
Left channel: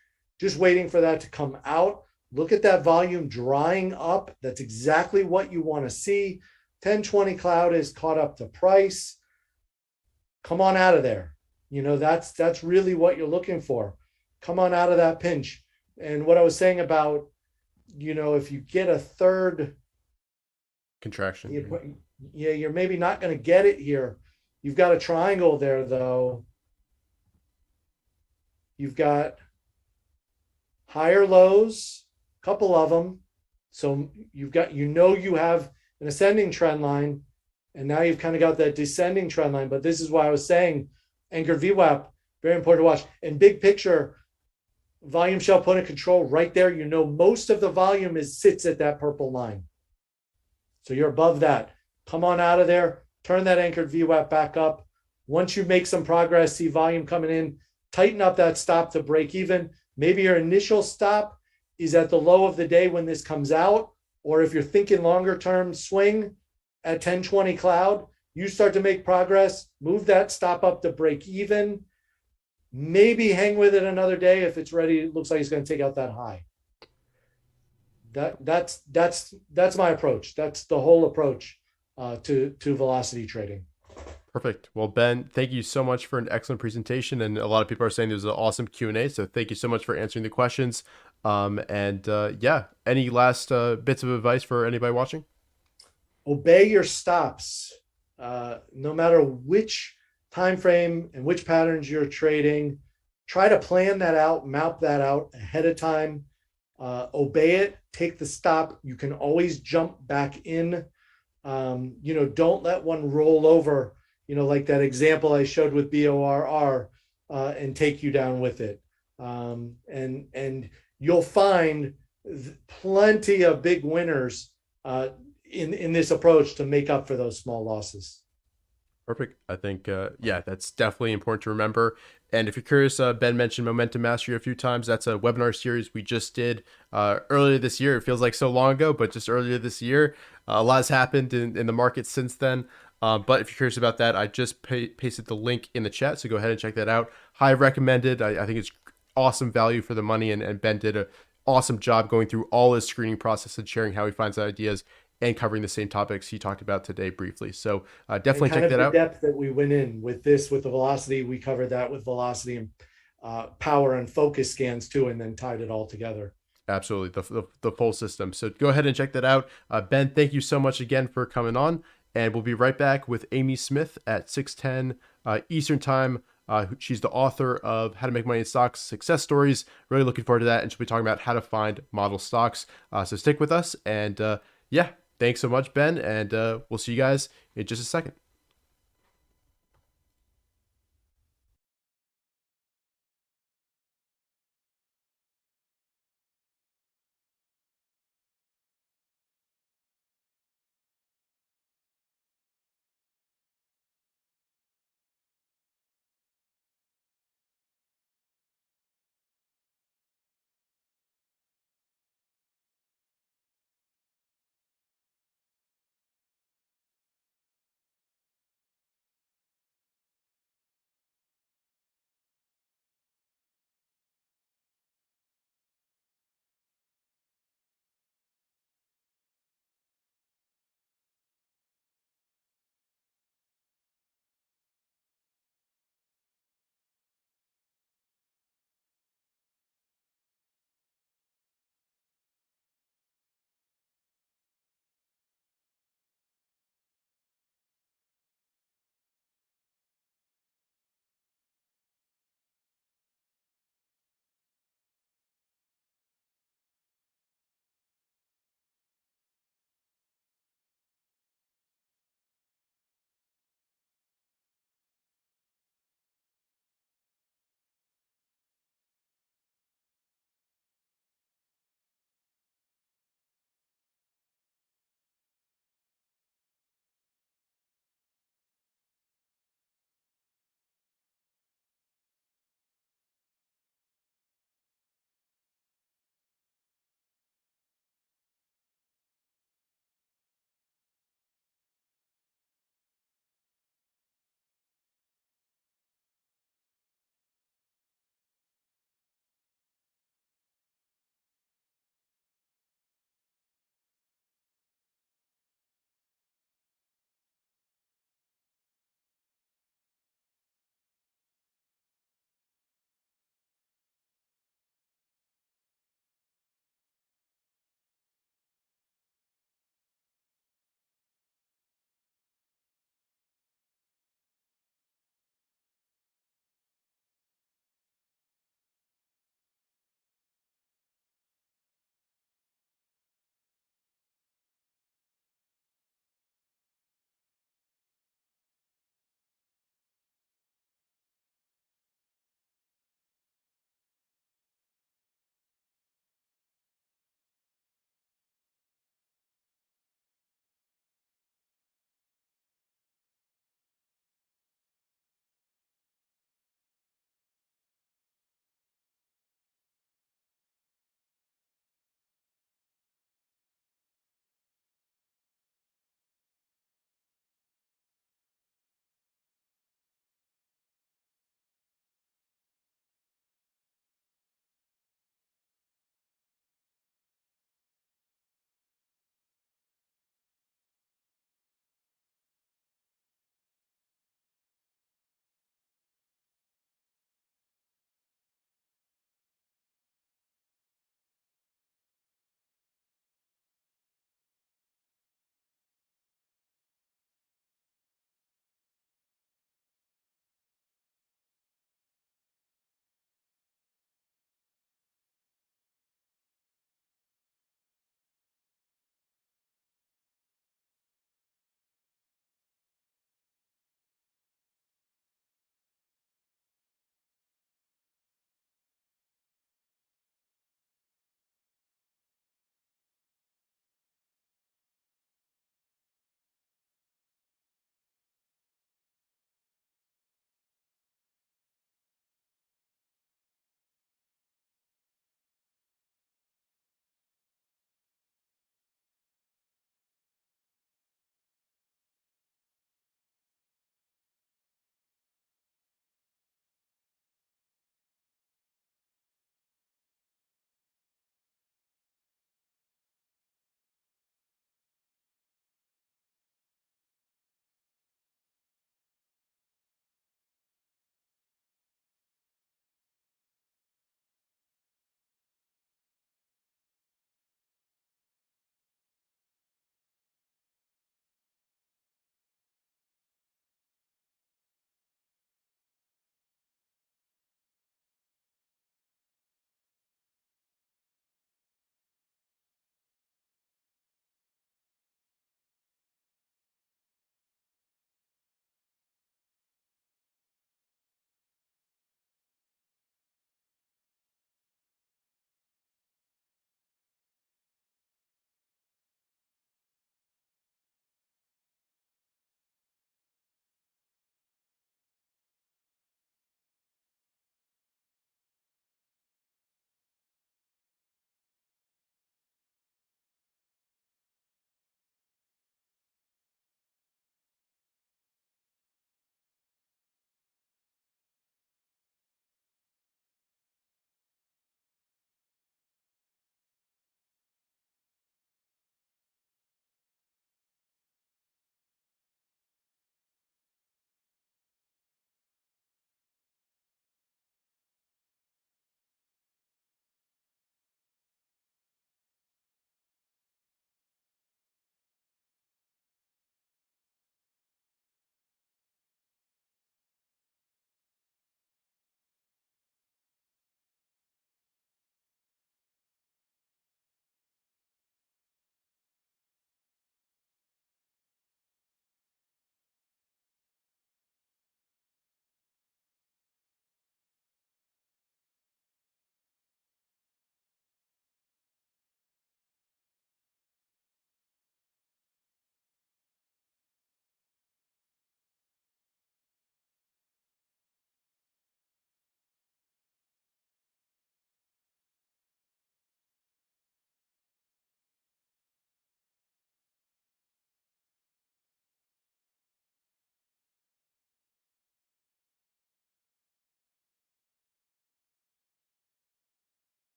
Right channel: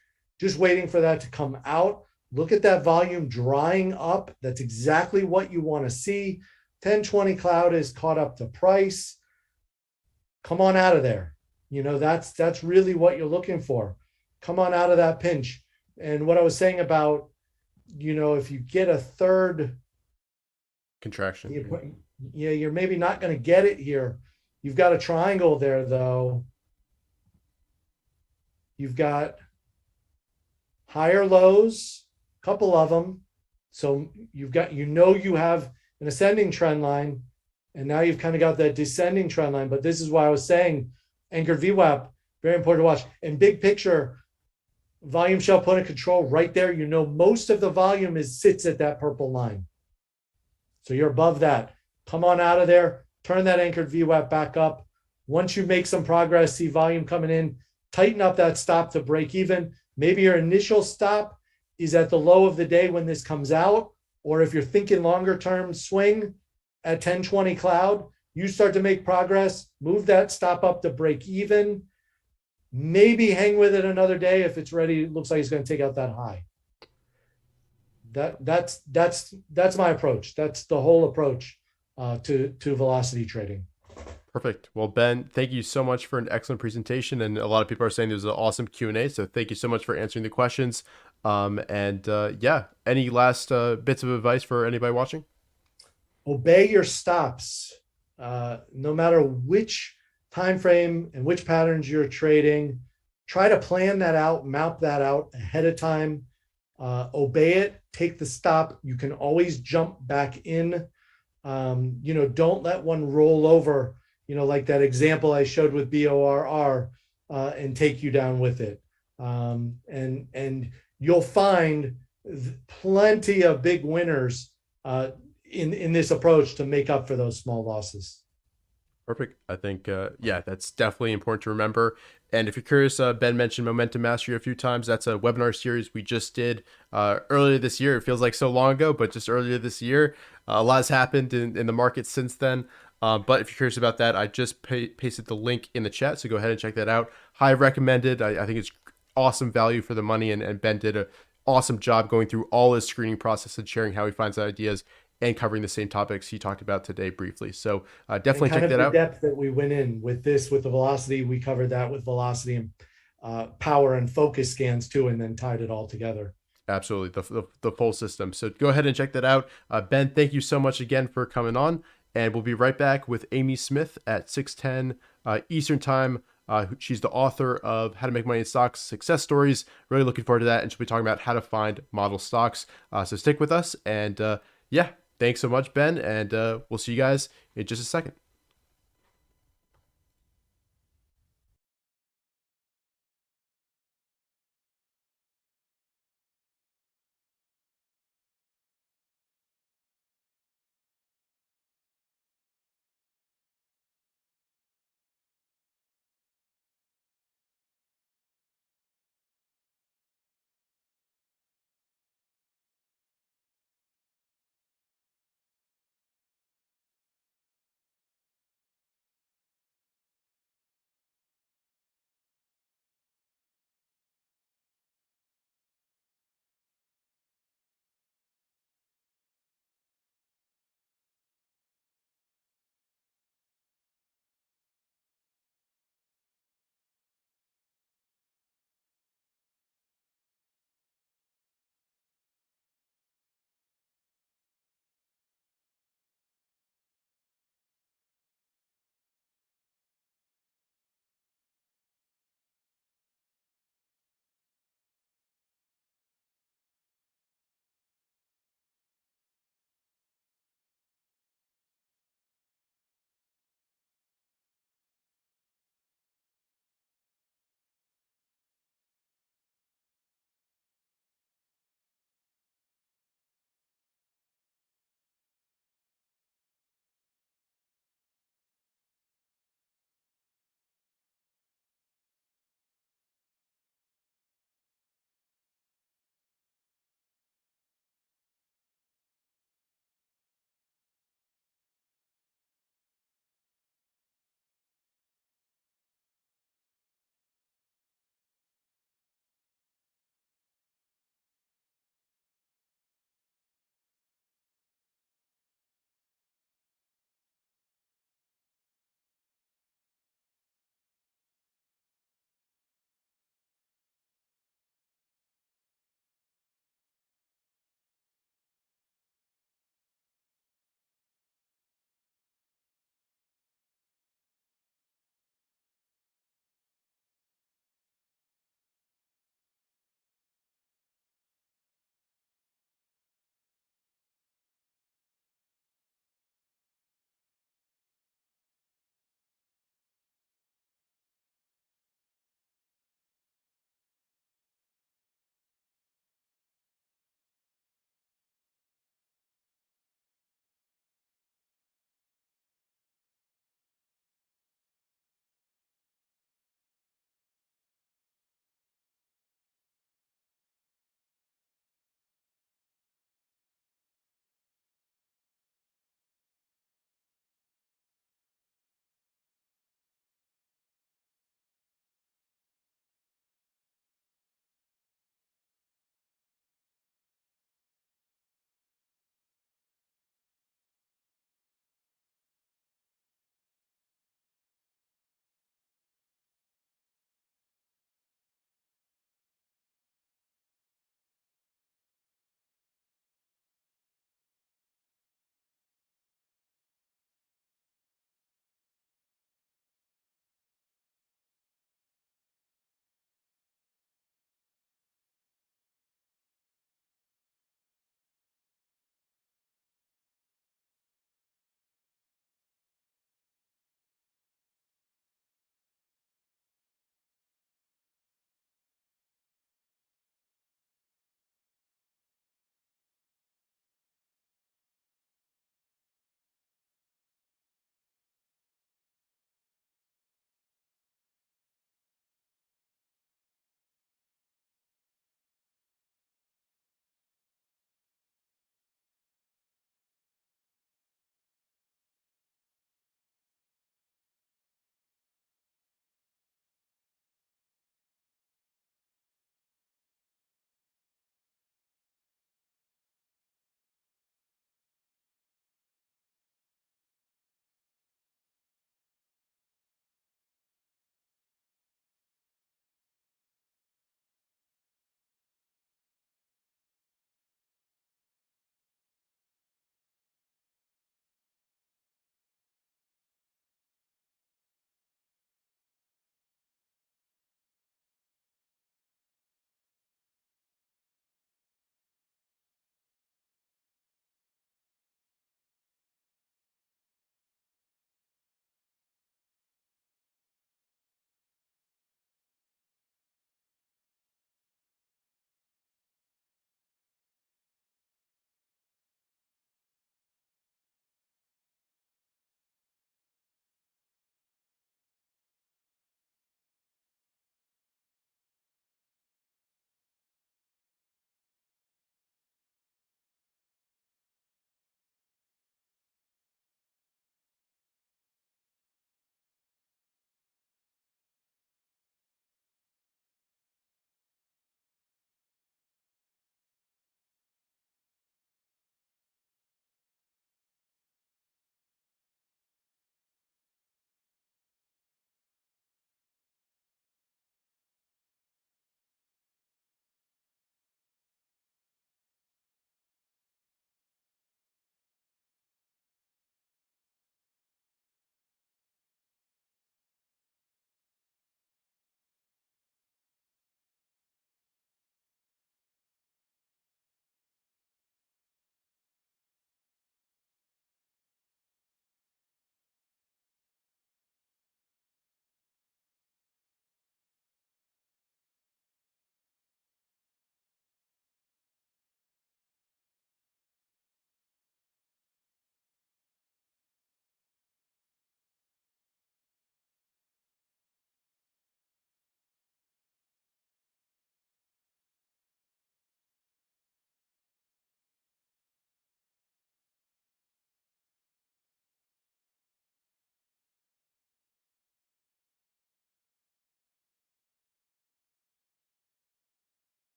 just waiting for that to come out. Look at that volume drying up. That's exactly what you want to see. 10-20 cloud is caught up to price. Come on out of there. That's really what you're looking for. Come on out of that pinch. And what I was saying about, if you get a third contraction, you're maybe not going to get it here. You've got a triangle there, though. You've got higher lows, a couple of them. So you have an ascending trend line, and now you've kind of got that descending trend line. But this is why I was saying anchored VWAP, very important to watch. And big picture, volume shell point of control right there. Most of the volume sits at that purple line. So you're above that. Come on out of there. Turn that anchored VWAP back up. Once you make some progress, see volume coming in, tighten up that stop to break even. Maybe your initial stop is at the low of the day when this comes out, or if you're thinking longer term, swing at 1020 cloud. You start to make progress, move that stop up to break even, maybe hang with it another day if it's ready. It looks like it's going to take out that high. That's my approach. That's the whole approach to velocity trading. Perfect. Well, Ben, thank you so much for an excellent presentation. And a lot of people are saying there's an awesome Q&A. So thank you so much for answering the questions. Yeah, any last bits of advice for anybody watching? Obey your stops. No matter which time frame and which patterns you're trading, try to plan that out, map that out ahead of time. Obey it, take the stop. You can always jump back in. Don't let one roll over, like that example I showed with BORR, and take you down with it. And you'll find plenty of big winners in this approach to make up for those small losses. Perfect. I think, yeah, that's definitely important to remember. And if you're curious, Ben mentioned Momentum Mastery a few times. That's a webinar series we just did earlier this year. It feels like so long ago, but just earlier this year. A lot has happened in the market since then. But if you're curious about that, I just pasted the link in the chat. So go ahead and check that out. Highly recommended. I think it's awesome value for the money. And Ben did an awesome job going through all his screening process and sharing how he finds ideas and covering the same topics he talked about today briefly. So definitely check that out. The depth that we went in with this, with the velocity, we covered that with velocity and power and focus scans too, and then tied it all together. Absolutely, the full system. So go ahead and check that out. Ben, thank you so much again for coming on, and we'll be right back with Amy Smith at 6:10 Eastern Time. She's the author of How to Make Money in Stocks Success Stories. Really looking forward to that, and she'll be talking about how to find model stocks. So stick with us, and yeah. Thanks so much, Ben, and we'll see you guys in just a second.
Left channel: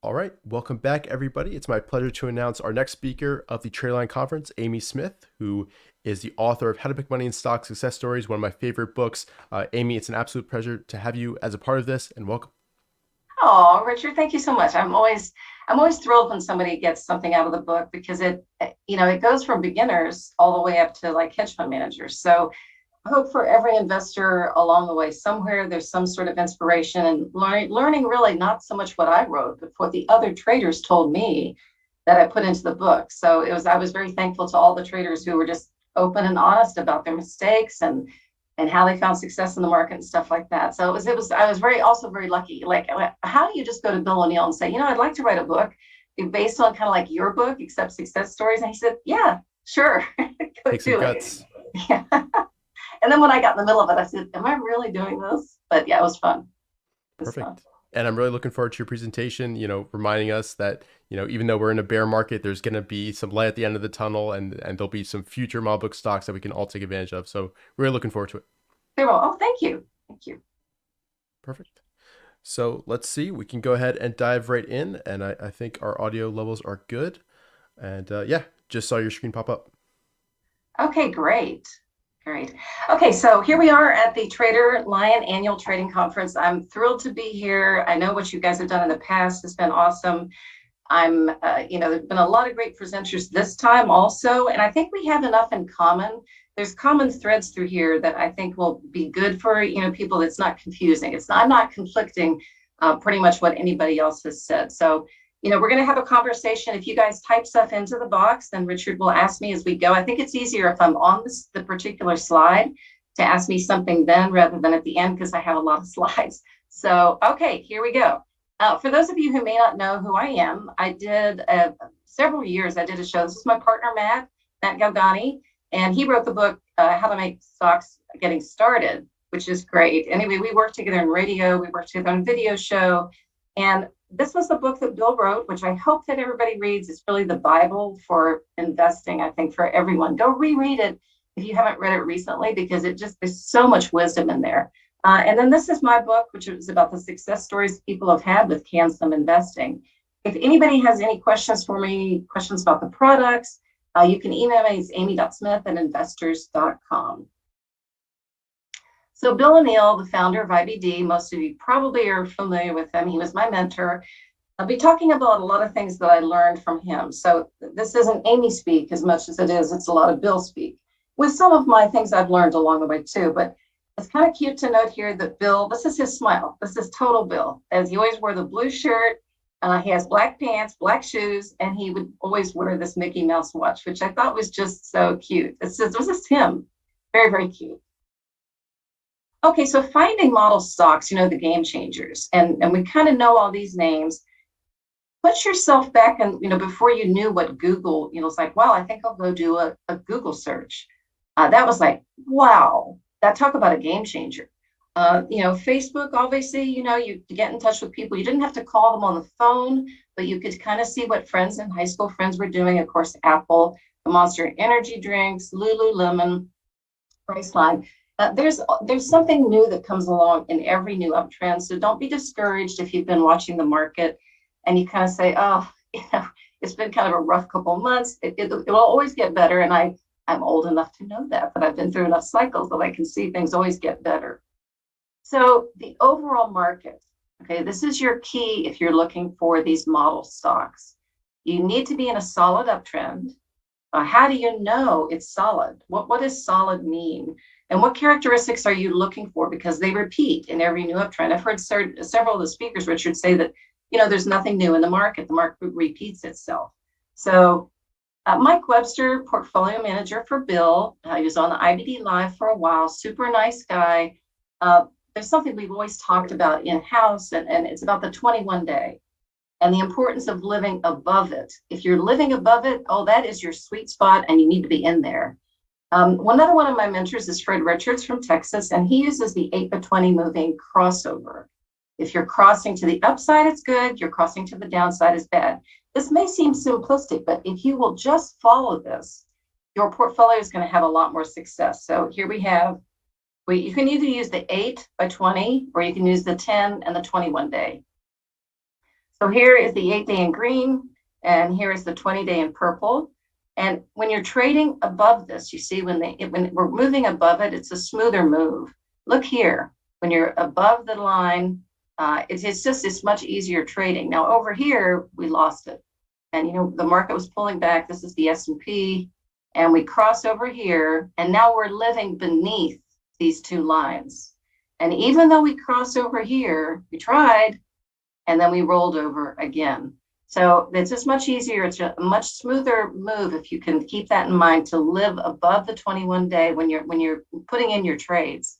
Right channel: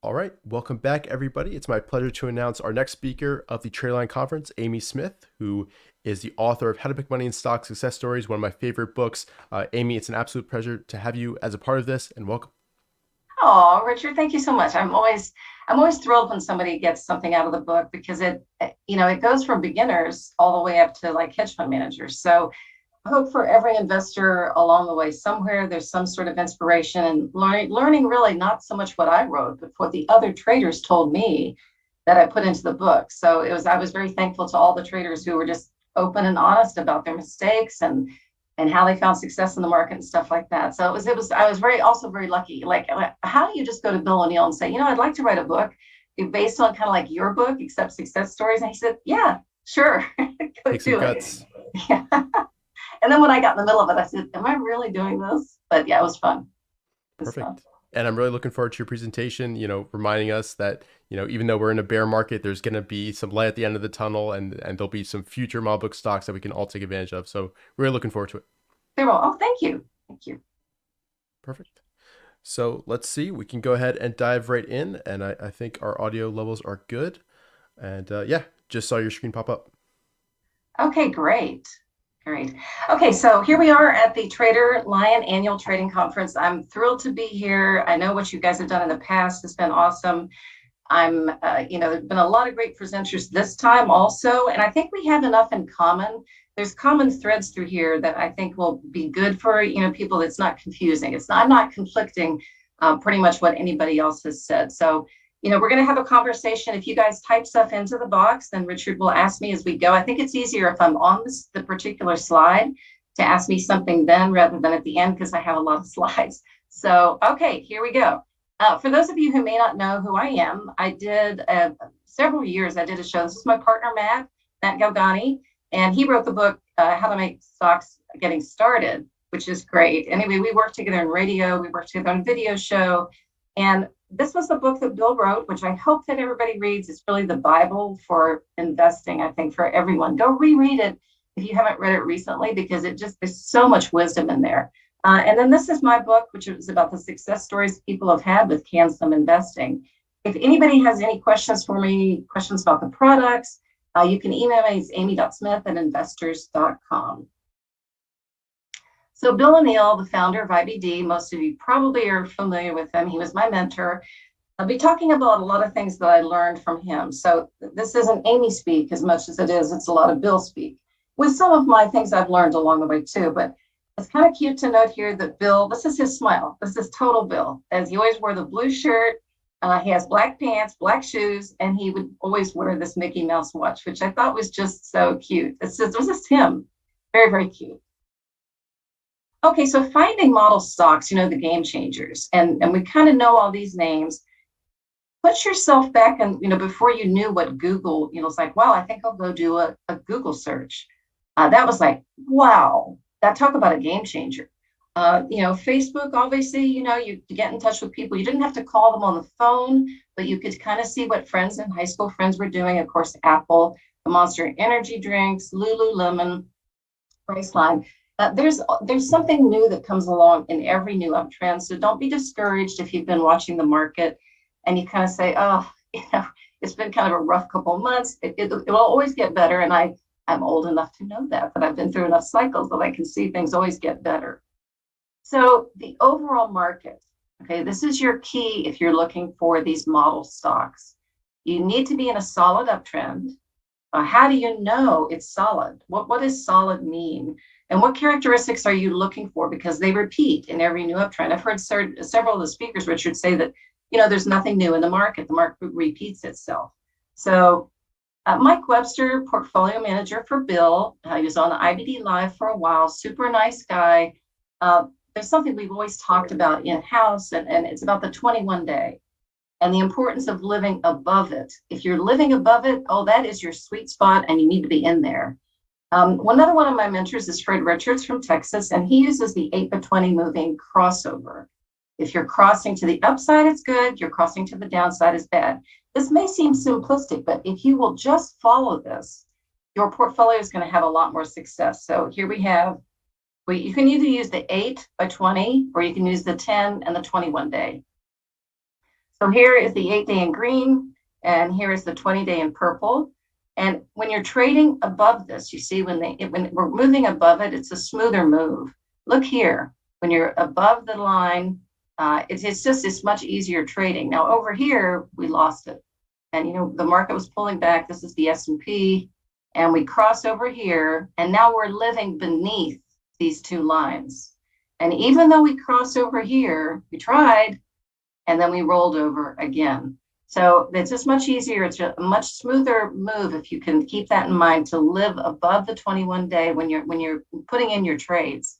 All right, welcome back, everybody. It's my pleasure to announce our next speaker of the TraderLion Conference, Amy Smith, who is the author of How to Make Money in Stock Success Stories, one of my favorite books. Amy, it's an absolute pleasure to have you as a part of this, and welcome. Oh, Richard, thank you so much. I'm always thrilled when somebody gets something out of the book because it goes from beginners all the way up to like hedge fund managers. So I hope for every investor along the way, somewhere there's some sort of inspiration and learning really not so much what I wrote, but what the other traders told me that I put into the book. So I was very thankful to all the traders who were just open and honest about their mistakes and how they found success in the market and stuff like that. So I was very lucky. Like, how do you just go to Bill O'Neill and say, I'd like to write a book based on kind of like your book, except success stories? And he said, yeah, sure. Take some guts. Yeah. And then when I got in the middle of it, I said, am I really doing this? But yeah, it was fun. Perfect. Fun. And I'm really looking forward to your presentation, reminding us that, even though we're in a bear market, there's going to be some light at the end of the tunnel and there'll be some future model book stocks that we can all take advantage of. So really looking forward to it. Very well. Oh, thank you. Thank you. Perfect. So let's see, we can go ahead and dive right in. And I think our audio levels are good. And yeah, just saw your screen pop up. Okay, great. Great. Okay, so here we are at the TraderLion Annual Trading Conference. I'm thrilled to be here. I know what you guys have done in the past has been awesome. There's been a lot of great presenters this time also, and I think we have enough in common. There's common threads through here that I think will be good for, people. That's not confusing. I'm not conflicting pretty much what anybody else has said. So, we're going to have a conversation. If you guys type stuff into the box, then Richard will ask me as we go. I think it's easier if I'm on the particular slide to ask me something then rather than at the end because I have a lot of slides. So, okay, here we go. For those of you who may not know who I am, I did several years, I did a show. This is my partner, Matt Galgani, and he wrote the book, How to Make Stocks Getting Started, which is great. Anyway, we worked together in radio, we worked together on video show, and this was the book that Bill wrote, which I hope that everybody reads. It's really the Bible for investing, I think, for everyone. Go reread it if you haven't read it recently, because there's so much wisdom in there. And then this is my book, which is about the success stories people have had with CanSum investing. If anybody has any questions for me, questions about the products, you can email me. It's amy.smith@investors.com. So Bill O'Neill, the founder of IBD, most of you probably are familiar with him. He was my mentor. I'll be talking about a lot of things that I learned from him. So this isn't Amy speak as much as it's a lot of Bill speak, with some of my things I've learned along the way too. But it's kind of cute to note here that Bill, this is his smile. This is total Bill, as he always wore the blue shirt. He has black pants, black shoes, and he would always wear this Mickey Mouse watch, which I thought was just so cute. This is him. Very, very cute. Okay, so finding model stocks, the game changers, and we kind of know all these names. Put yourself back and, before you knew what Google, it's like, wow, I think I'll go do a Google search. That was like, wow, talk about a game changer. Facebook, obviously, you get in touch with people. You didn't have to call them on the phone, but you could kind of see what friends and high school friends were doing. Of course, Apple, the Monster Energy drinks, Lululemon, Priceline. There's something new that comes along in every new uptrend. So don't be discouraged if you've been watching the market and you kind of say, oh, it's been kind of a rough couple of months. It will always get better. And I'm old enough to know that, but I've been through enough cycles that I can see things always get better. So the overall market, okay, this is your key if you're looking for these model stocks. You need to be in a solid uptrend. How do you know it's solid? What does solid mean? And what characteristics are you looking for? Because they repeat in every new uptrend. I've heard several of the speakers, Richard, say that, there's nothing new in the market. The market repeats itself. So Mike Webster, portfolio manager for Bill, he was on the IBD Live for a while, super nice guy. There's something we've always talked about in-house, and it's about the 21-day and the importance of living above it. If you're living above it, that is your sweet spot, and you need to be in there. Another one of my mentors is Fred Richards from Texas, and he uses the 8x20 moving crossover. If you're crossing to the upside, it's good. You're crossing to the downside is bad. This may seem simplistic, but if you will just follow this, your portfolio is going to have a lot more success. So here we have, you can either use the 8x20 or you can use the 10 and the 21-day. So here is the 8-day in green, and here is the 20-day in purple. And when you're trading above this, you see when we're moving above it, it's a smoother move. Look here, when you're above the line, it's much easier trading. Now over here, we lost it. And the market was pulling back. This is the S&P, and we cross over here, and now we're living beneath these two lines. And even though we cross over here, we tried, and then we rolled over again. So it's just much easier. It's a much smoother move if you can keep that in mind, to live above the 21-day when you're putting in your trades.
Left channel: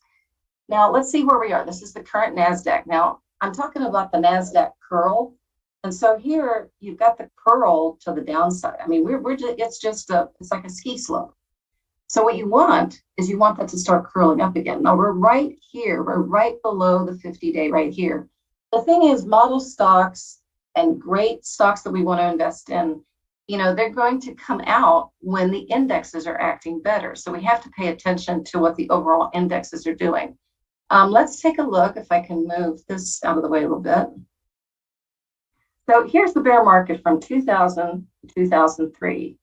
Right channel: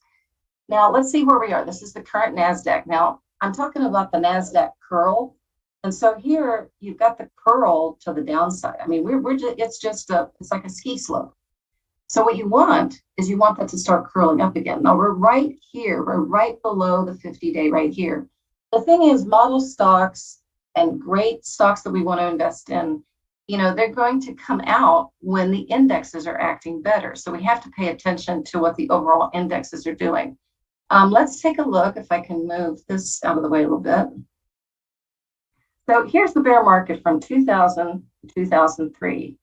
Now let's see where we are. This is the current NASDAQ. Now I'm talking about the NASDAQ curl. And so here you've got the curl to the downside. I mean, it's like a ski slope. So what you want that to start curling up again. Now we're right here. We're right below the 50-day right here. The thing is, model stocks and great stocks that we want to invest in, they're going to come out when the indexes are acting better. So we have to pay attention to what the overall indexes are doing. Let's take a look, if I can move this out of the way a little bit. So here's the bear market from 2000 to 2003.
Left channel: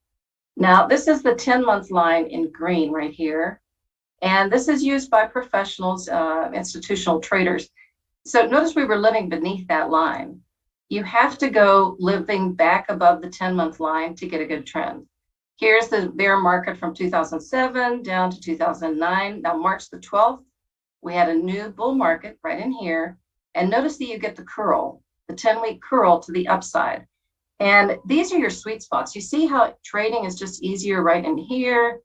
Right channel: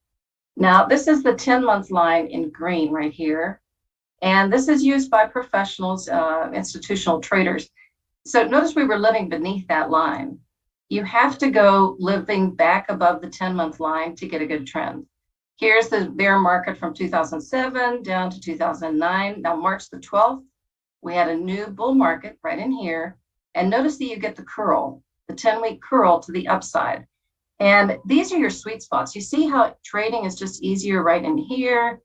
Now, this is the 10-month line in green right here. And this is used by professionals, institutional traders. So notice we were living beneath that line. You have to go living back above the 10-month line to get a good trend. Here's the bear market from 2007 down to 2009. Now, March the 12th, we had a new bull market right in here. And notice that you get the curl, the 10-week curl to the upside. And these are your sweet spots. You see how trading is just easier right in here,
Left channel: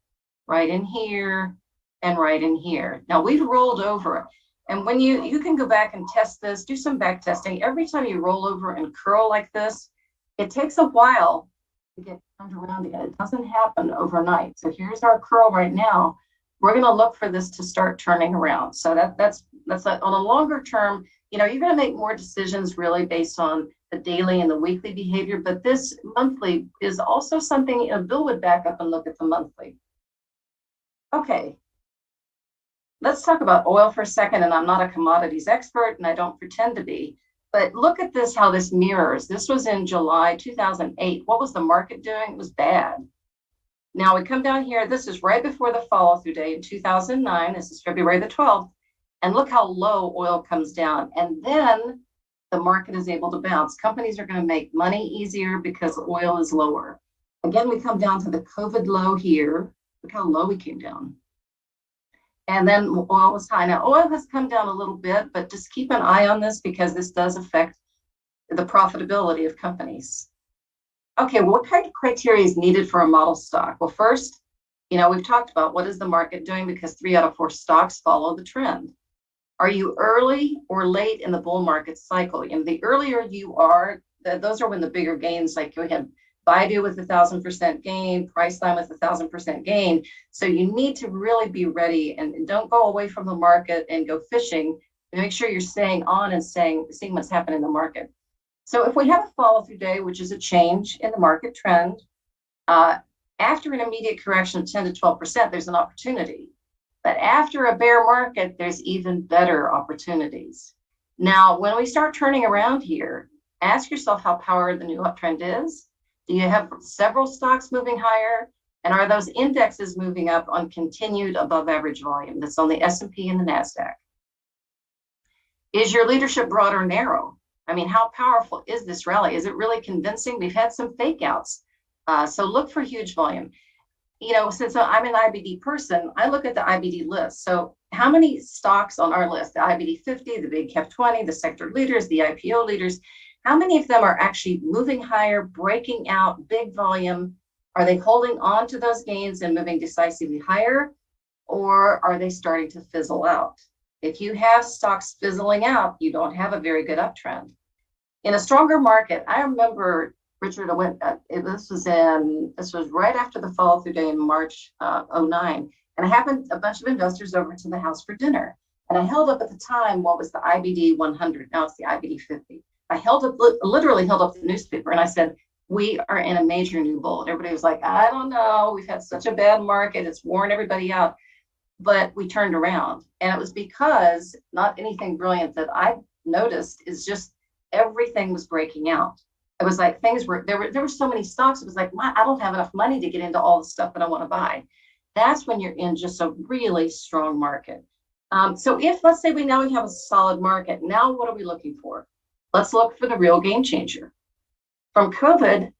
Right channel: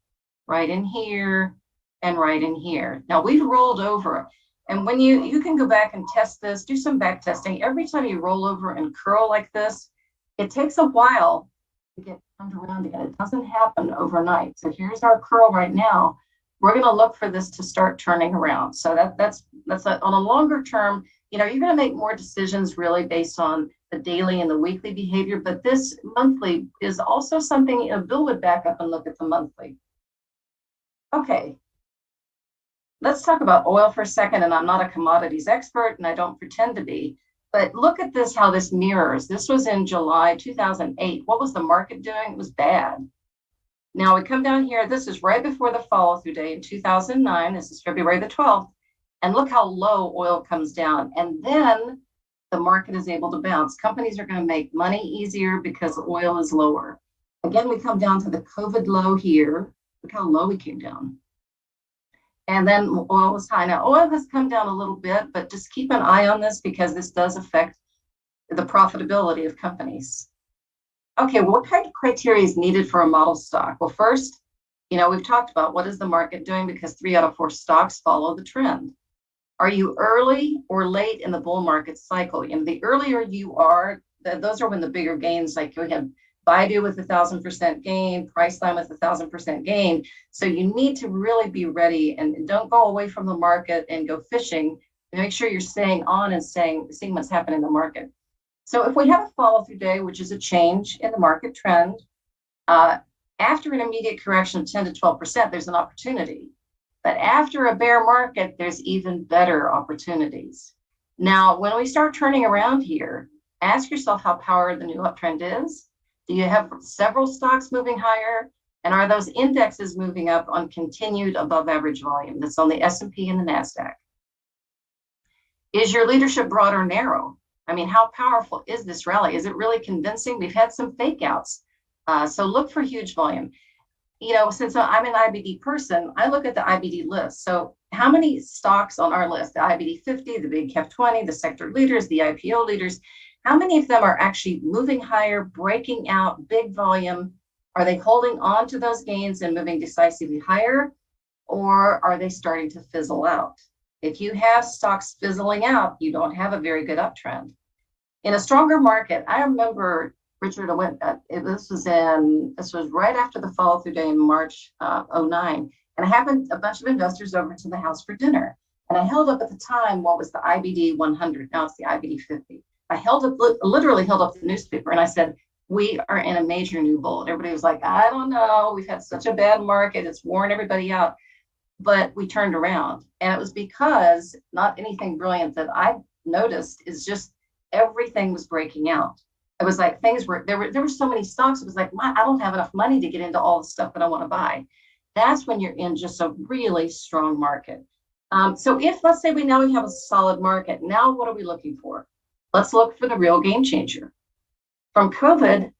and right in here. Now, we've rolled over. And when you can go back and test this, do some back testing. Every time you roll over and curl like this, it takes a while to get turned around again. It doesn't happen overnight. So here's our curl right now. We're going to look for this to start turning around. So that's on a longer term, you're going to make more decisions really based on the daily and the weekly behavior. But this monthly is also something, Bill would back up and look at the monthly. Okay. Let's talk about oil for a second, and I'm not a commodities expert, and I don't pretend to be, but look at this, how this mirrors. This was in July 2008. What was the market doing? It was bad. Now we come down here. This is right before the follow-through day in 2009. This is February the 12th. And look how low oil comes down. And then the market is able to bounce. Companies are going to make money easier because oil is lower. Again, we come down to the COVID low here. Look how low we came down. And then oil was high. Now, oil has come down a little bit, but just keep an eye on this because this does affect the profitability of companies. Okay, what kind of criteria is needed for a model stock? Well, first, we've talked about what is the market doing, because 3 out of 4 stocks follow the trend. Are you early or late in the bull market cycle? And the earlier you are, those are when the bigger gains, like we had Baidu with 1,000% gain, Priceline with 1,000% gain. So you need to really be ready and don't go away from the market and go fishing. Make sure you're staying on and seeing what's happening in the market. So if we have a follow-through day, which is a change in the market trend, after an immediate correction of 10 to 12%, there's an opportunity. But after a bear market, there's even better opportunities. Now, when we start turning around here, ask yourself how powered the new uptrend is. Do you have several stocks moving higher? And are those indexes moving up on continued above average volume? That's on the S&P and the NASDAQ. Is your leadership broad or narrow? I mean, how powerful is this rally? Is it really convincing? We've had some fake outs. So look for huge volume. Since I'm an IBD person, I look at the IBD list. So how many stocks on our list? The IBD 50, the big cap 20, the sector leaders, the IPO leaders. How many of them are actually moving higher, breaking out, big volume? Are they holding on to those gains and moving decisively higher? Or are they starting to fizzle out? If you have stocks fizzling out, you don't have a very good uptrend. In a stronger market, I remember, Richard, this was right after the follow-through day in March 09. And I happened a bunch of investors over to the house for dinner. And I held up at the time what was the IBD 100. Now it's the IBD 50. I literally held up the newspaper and I said, we are in a major new bull. And everybody was like, I don't know. We've had such a bad market. It's worn everybody out. But we turned around. And it was because, not anything brilliant that I noticed, is just everything was breaking out. It was like there were so many stocks. It was like, I don't have enough money to get into all the stuff that I want to buy. That's when you're in just a really strong market. So if, let's say, we have a solid market, now what are we looking for? Let's look for the real game changer. From COVID,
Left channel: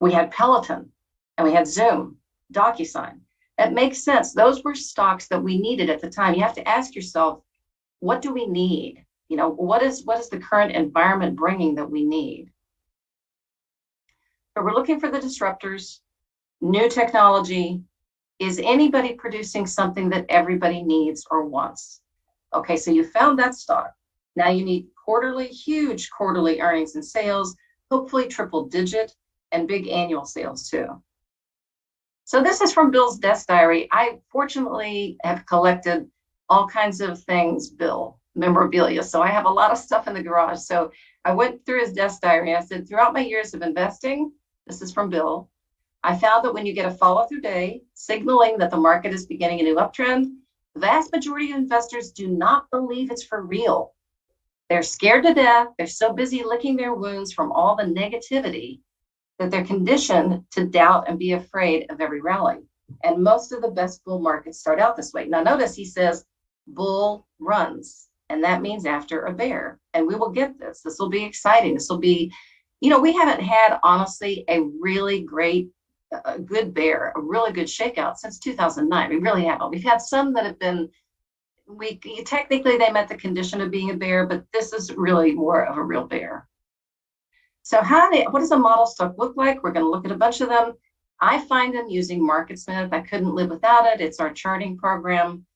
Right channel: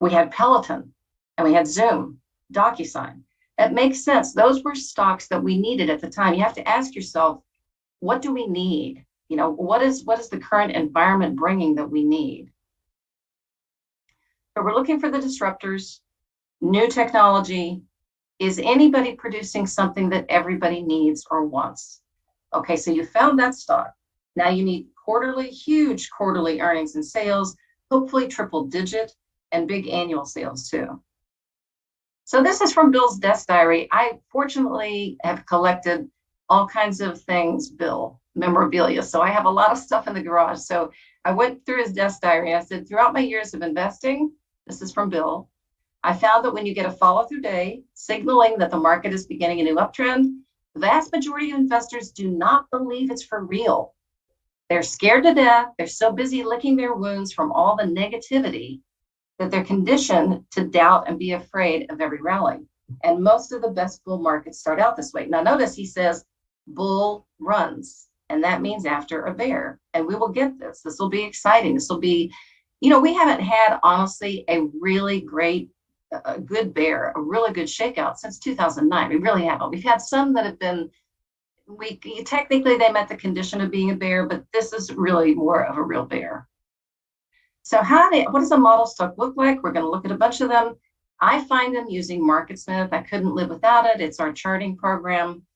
we had Peloton and we had Zoom, DocuSign. That makes sense. Those were stocks that we needed at the time. You have to ask yourself, what do we need? What is the current environment bringing that we need? So we're looking for the disruptors, new technology. Is anybody producing something that everybody needs or wants? Okay, so you found that stock. Now you need huge quarterly earnings and sales, hopefully triple digit and big annual sales too. So this is from Bill's desk diary. I fortunately have collected all kinds of things, Bill, memorabilia. So I have a lot of stuff in the garage. So I went through his desk diary. I said, throughout my years of investing, this is from Bill, I found that when you get a follow-through day signaling that the market is beginning a new uptrend, the vast majority of investors do not believe it's for real. They're scared to death. They're so busy licking their wounds from all the negativity that they're conditioned to doubt and be afraid of every rally. And most of the best bull markets start out this way. Now notice he says bull runs, and that means after a bear. And we will get this. This will be exciting. This will be, we haven't had, honestly, a really great, a good bear, a really good shakeout since 2009. We really haven't. We've had some that have been, technically they met the condition of being a bear, but this is really more of a real bear. So what does a model stock look like? We're going to look at a bunch of them. I find them using MarketSmith. I couldn't live without it. It's our charting program.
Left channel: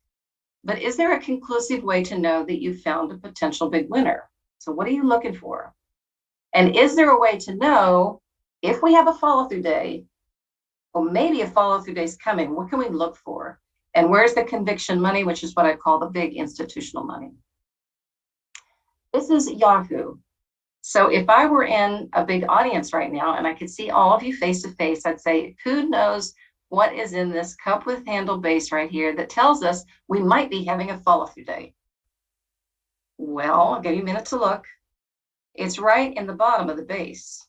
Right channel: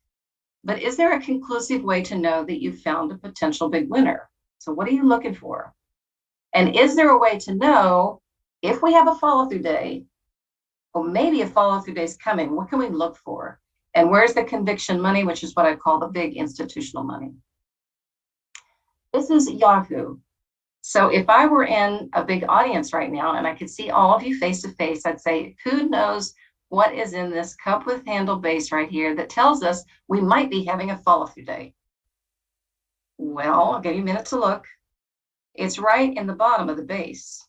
But is there a conclusive way to know that you found a potential big winner? So what are you looking for? And is there a way to know if we have a follow-through day, or maybe a follow-through day is coming, what can we look for? And where's the conviction money, which is what I call the big institutional money? This is Yahoo. So if I were in a big audience right now and I could see all of you face to face, I'd say, who knows what is in this cup with handle base right here that tells us we might be having a follow-through day? Well, I'll give you a minute to look. It's right in the bottom of the base.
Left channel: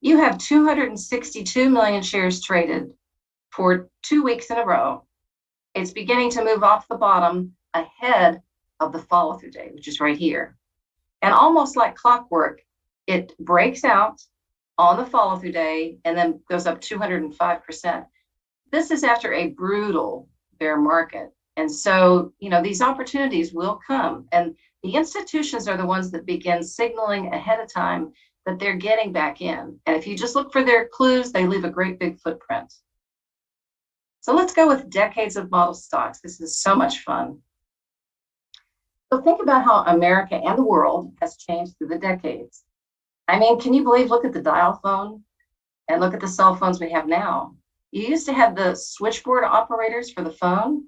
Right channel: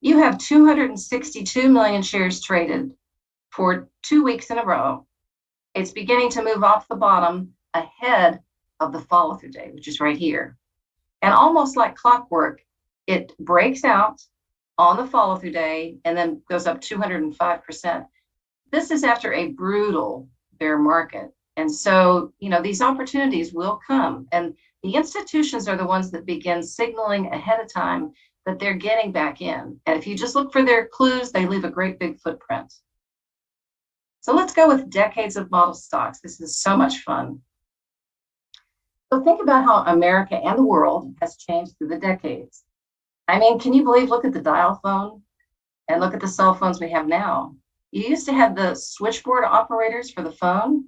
You have 262 million shares traded for 2 weeks in a row. It's beginning to move off the bottom ahead of the follow-through day, which is right here. And almost like clockwork, it breaks out on the follow-through day and then goes up 205%. This is after a brutal bear market. And so, these opportunities will come. And the institutions are the ones that begin signaling ahead of time that they're getting back in. And if you just look for their clues, they leave a great big footprint. So let's go with decades of model stocks. This is so much fun. So think about how America and the world has changed through the decades. I mean, can you believe, look at the dial phone and look at the cell phones we have now. You used to have the switchboard operators for the phone,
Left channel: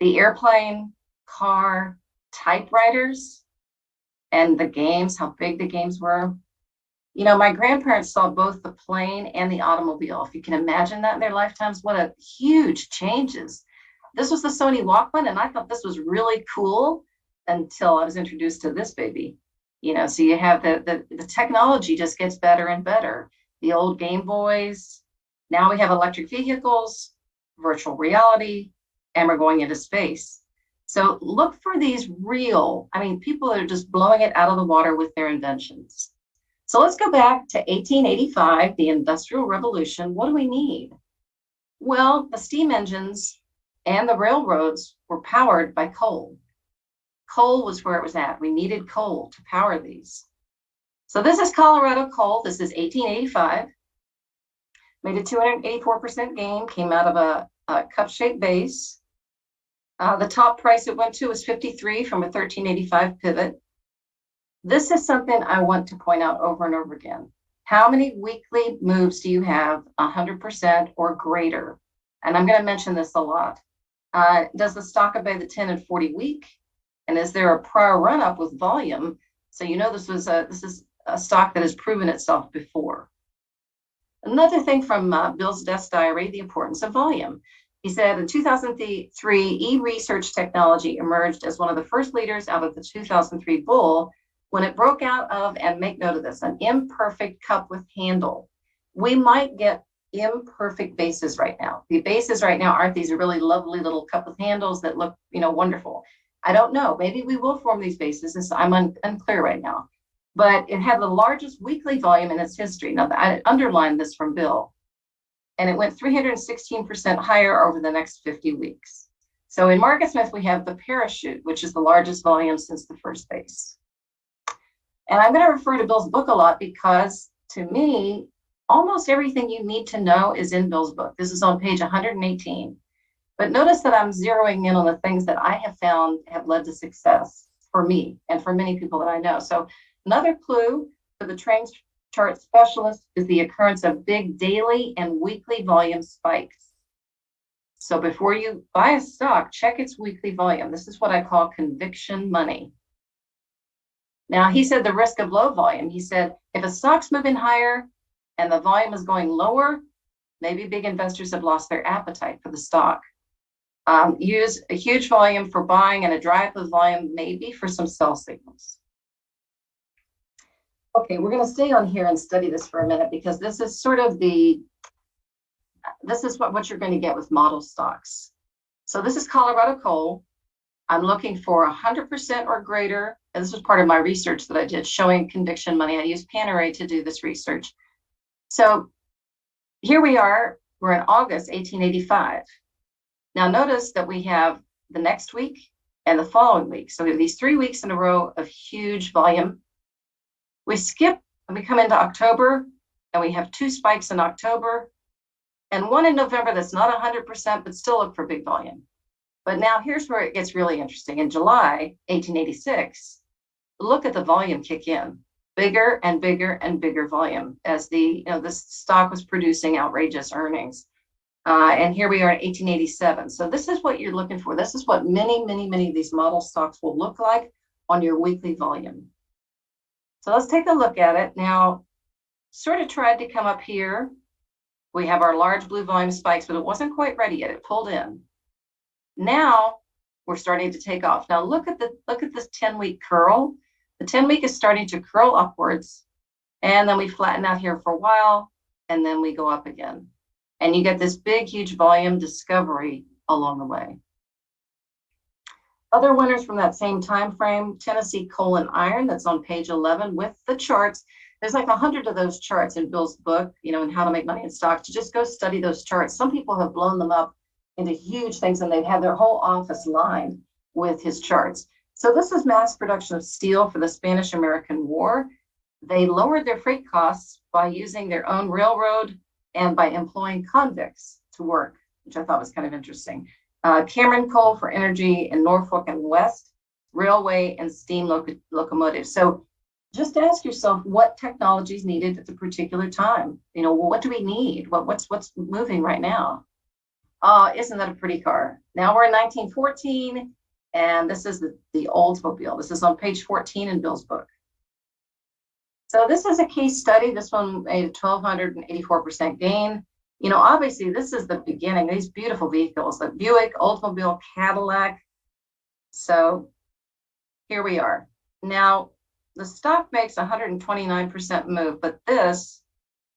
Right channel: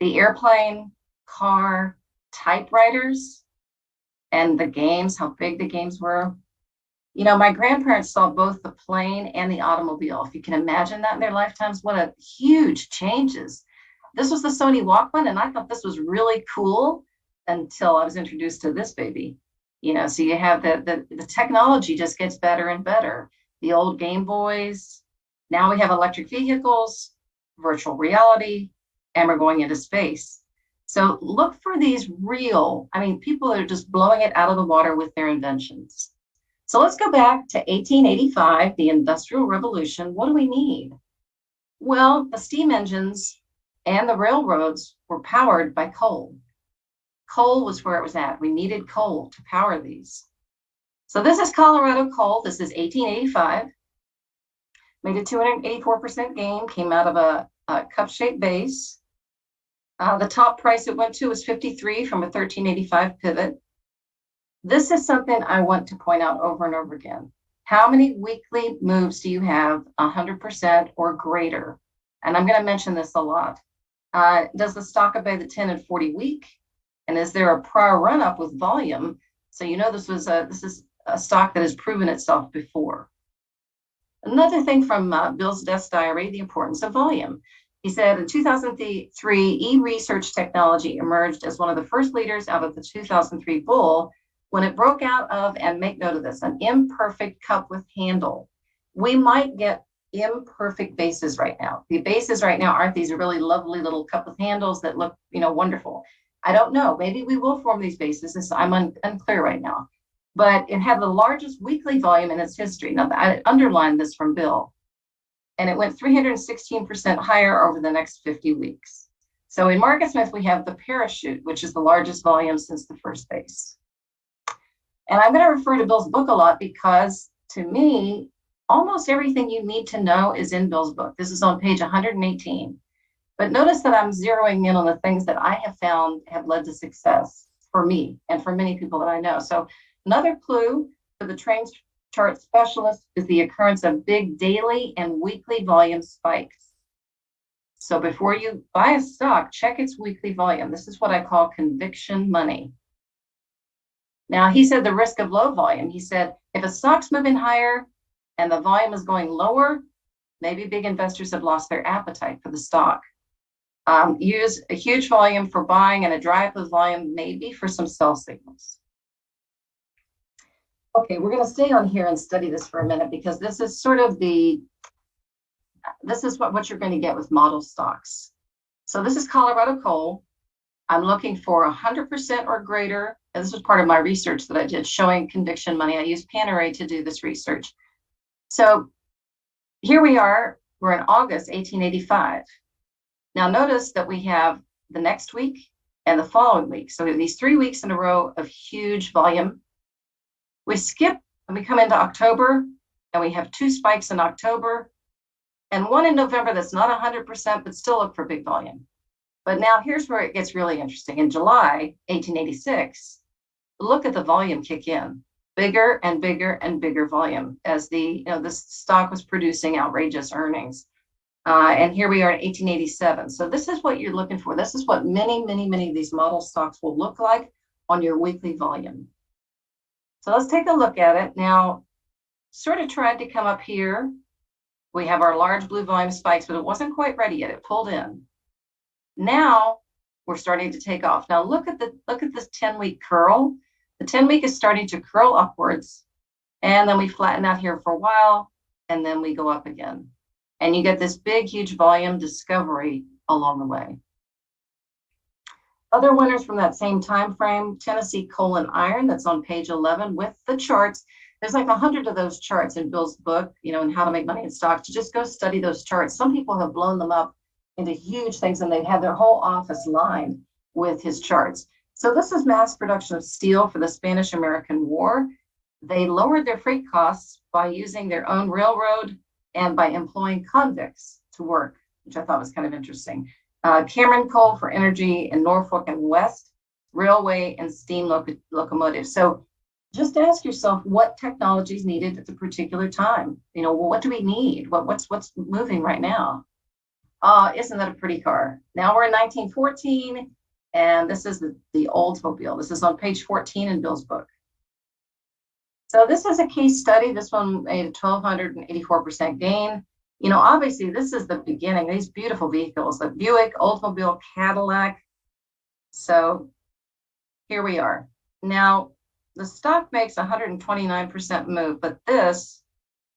the airplane, car, typewriters, and the games, how big the games were. My grandparents saw both the plane and the automobile. If you can imagine that in their lifetimes, what a huge changes. This was the Sony Walkman, and I thought this was really cool until I was introduced to this baby. So you have the technology just gets better and better. The old Game Boys, now we have electric vehicles, virtual reality, and we're going into space. So look for these people that are just blowing it out of the water with their inventions. So let's go back to 1885, the Industrial Revolution. What do we need? Well, the steam engines and the railroads were powered by coal. Coal was where it was at. We needed coal to power these. So this is Colorado coal. This is 1885. Made a 284% gain, came out of a cup-shaped base. The top price it went to was 53 from a 1385 pivot. This is something I want to point out over and over again. How many weekly moves do you have 100% or greater? And I'm going to mention this a lot. Does the stock obey the 10 and 40 week? And is there a prior run up with volume? So this is a stock that has proven itself before. Another thing from Bill's desk diary, the importance of volume. He said in 2003, e-research technology emerged as one of the first leaders out of the 2003 bull when it broke out of, and make note of this, an imperfect cup with handle, we might get imperfect bases right now. The bases right now aren't these really lovely little cup with handles that look, wonderful. I don't know. Maybe we will form these bases. I'm unclear right now. But it had the largest weekly volume in its history. Now, I underlined this from Bill. And it went 316% higher over the next 50 weeks. So in MarketSmith, we have the parachute, which is the largest volume since the first base. And I'm going to refer to Bill's book a lot because, to me, almost everything you need to know is in Bill's book. This is on page 118. But notice that I'm zeroing in on the things that I have found have led to success for me and for many people that I know. So another clue for the train chart specialist is the occurrence of big daily and weekly volume spikes. So before you buy a stock, check its weekly volume. This is what I call conviction money. Now, he said the risk of low volume. He said, if a stock's moving higher and the volume is going lower, maybe big investors have lost their appetite for the stock. Use a huge volume for buying and a dry up of volume, maybe for some sell signals. Okay, we're going to stay on here and study this for a minute because this is sort of this is what you're going to get with model stocks. So this is Colorado coal. I'm looking for 100% or greater. And this was part of my research that I did showing conviction money. I used Panerai to do this research. So here we are, we're in August 1885. Now notice that we have the next week and the following week. So we have these 3 weeks in a row of huge volume. We skip and we come into October and we have 2 spikes in October and 1 in November that's not 100%, but still look for big volume. But now here's where it gets really interesting. In July 1886, look at the volume kick in. Bigger and bigger and bigger volume as this stock was producing outrageous earnings. And here we are in 1887. So this is what you're looking for. This is what many, many, many of these model stocks will look like on your weekly volume. So let's take a look at it. Now, sort of tried to come up here. We have our large blue volume spikes, but it wasn't quite ready yet. It pulled in. Now we're starting to take off. Now look at this 10-week curl. The 10-week is starting to curl upwards, and then we flatten out here for a while, and then we go up again. And you get this big, huge volume discovery along the way. Other winners from that same time frame, Tennessee Coal and Iron, that's on page 11 with the charts. There's like 100 of those charts in Bill's book, and how to make money in stocks. You just go study those charts. Some people have blown them up into huge things, and they've had their whole office lined with his charts. So this is mass production of steel for the Spanish-American War. They lowered their freight costs by using their own railroad and by employing convicts to work, which I thought was kind of interesting. Cameron Coal for energy in Norfolk and West, railway and steam locomotives. So just ask yourself what technology is needed at the particular time. What do we need? What's moving right now? Isn't that a pretty car? Now we're in 1914, and this is the Oldsmobile. This is on page 14 in Bill's book. So this is a case study. This one made a 1,284% gain. Obviously this is the beginning. These beautiful vehicles, the Buick, Oldsmobile, Cadillac. So here we are. Now the stock makes 129% move, but this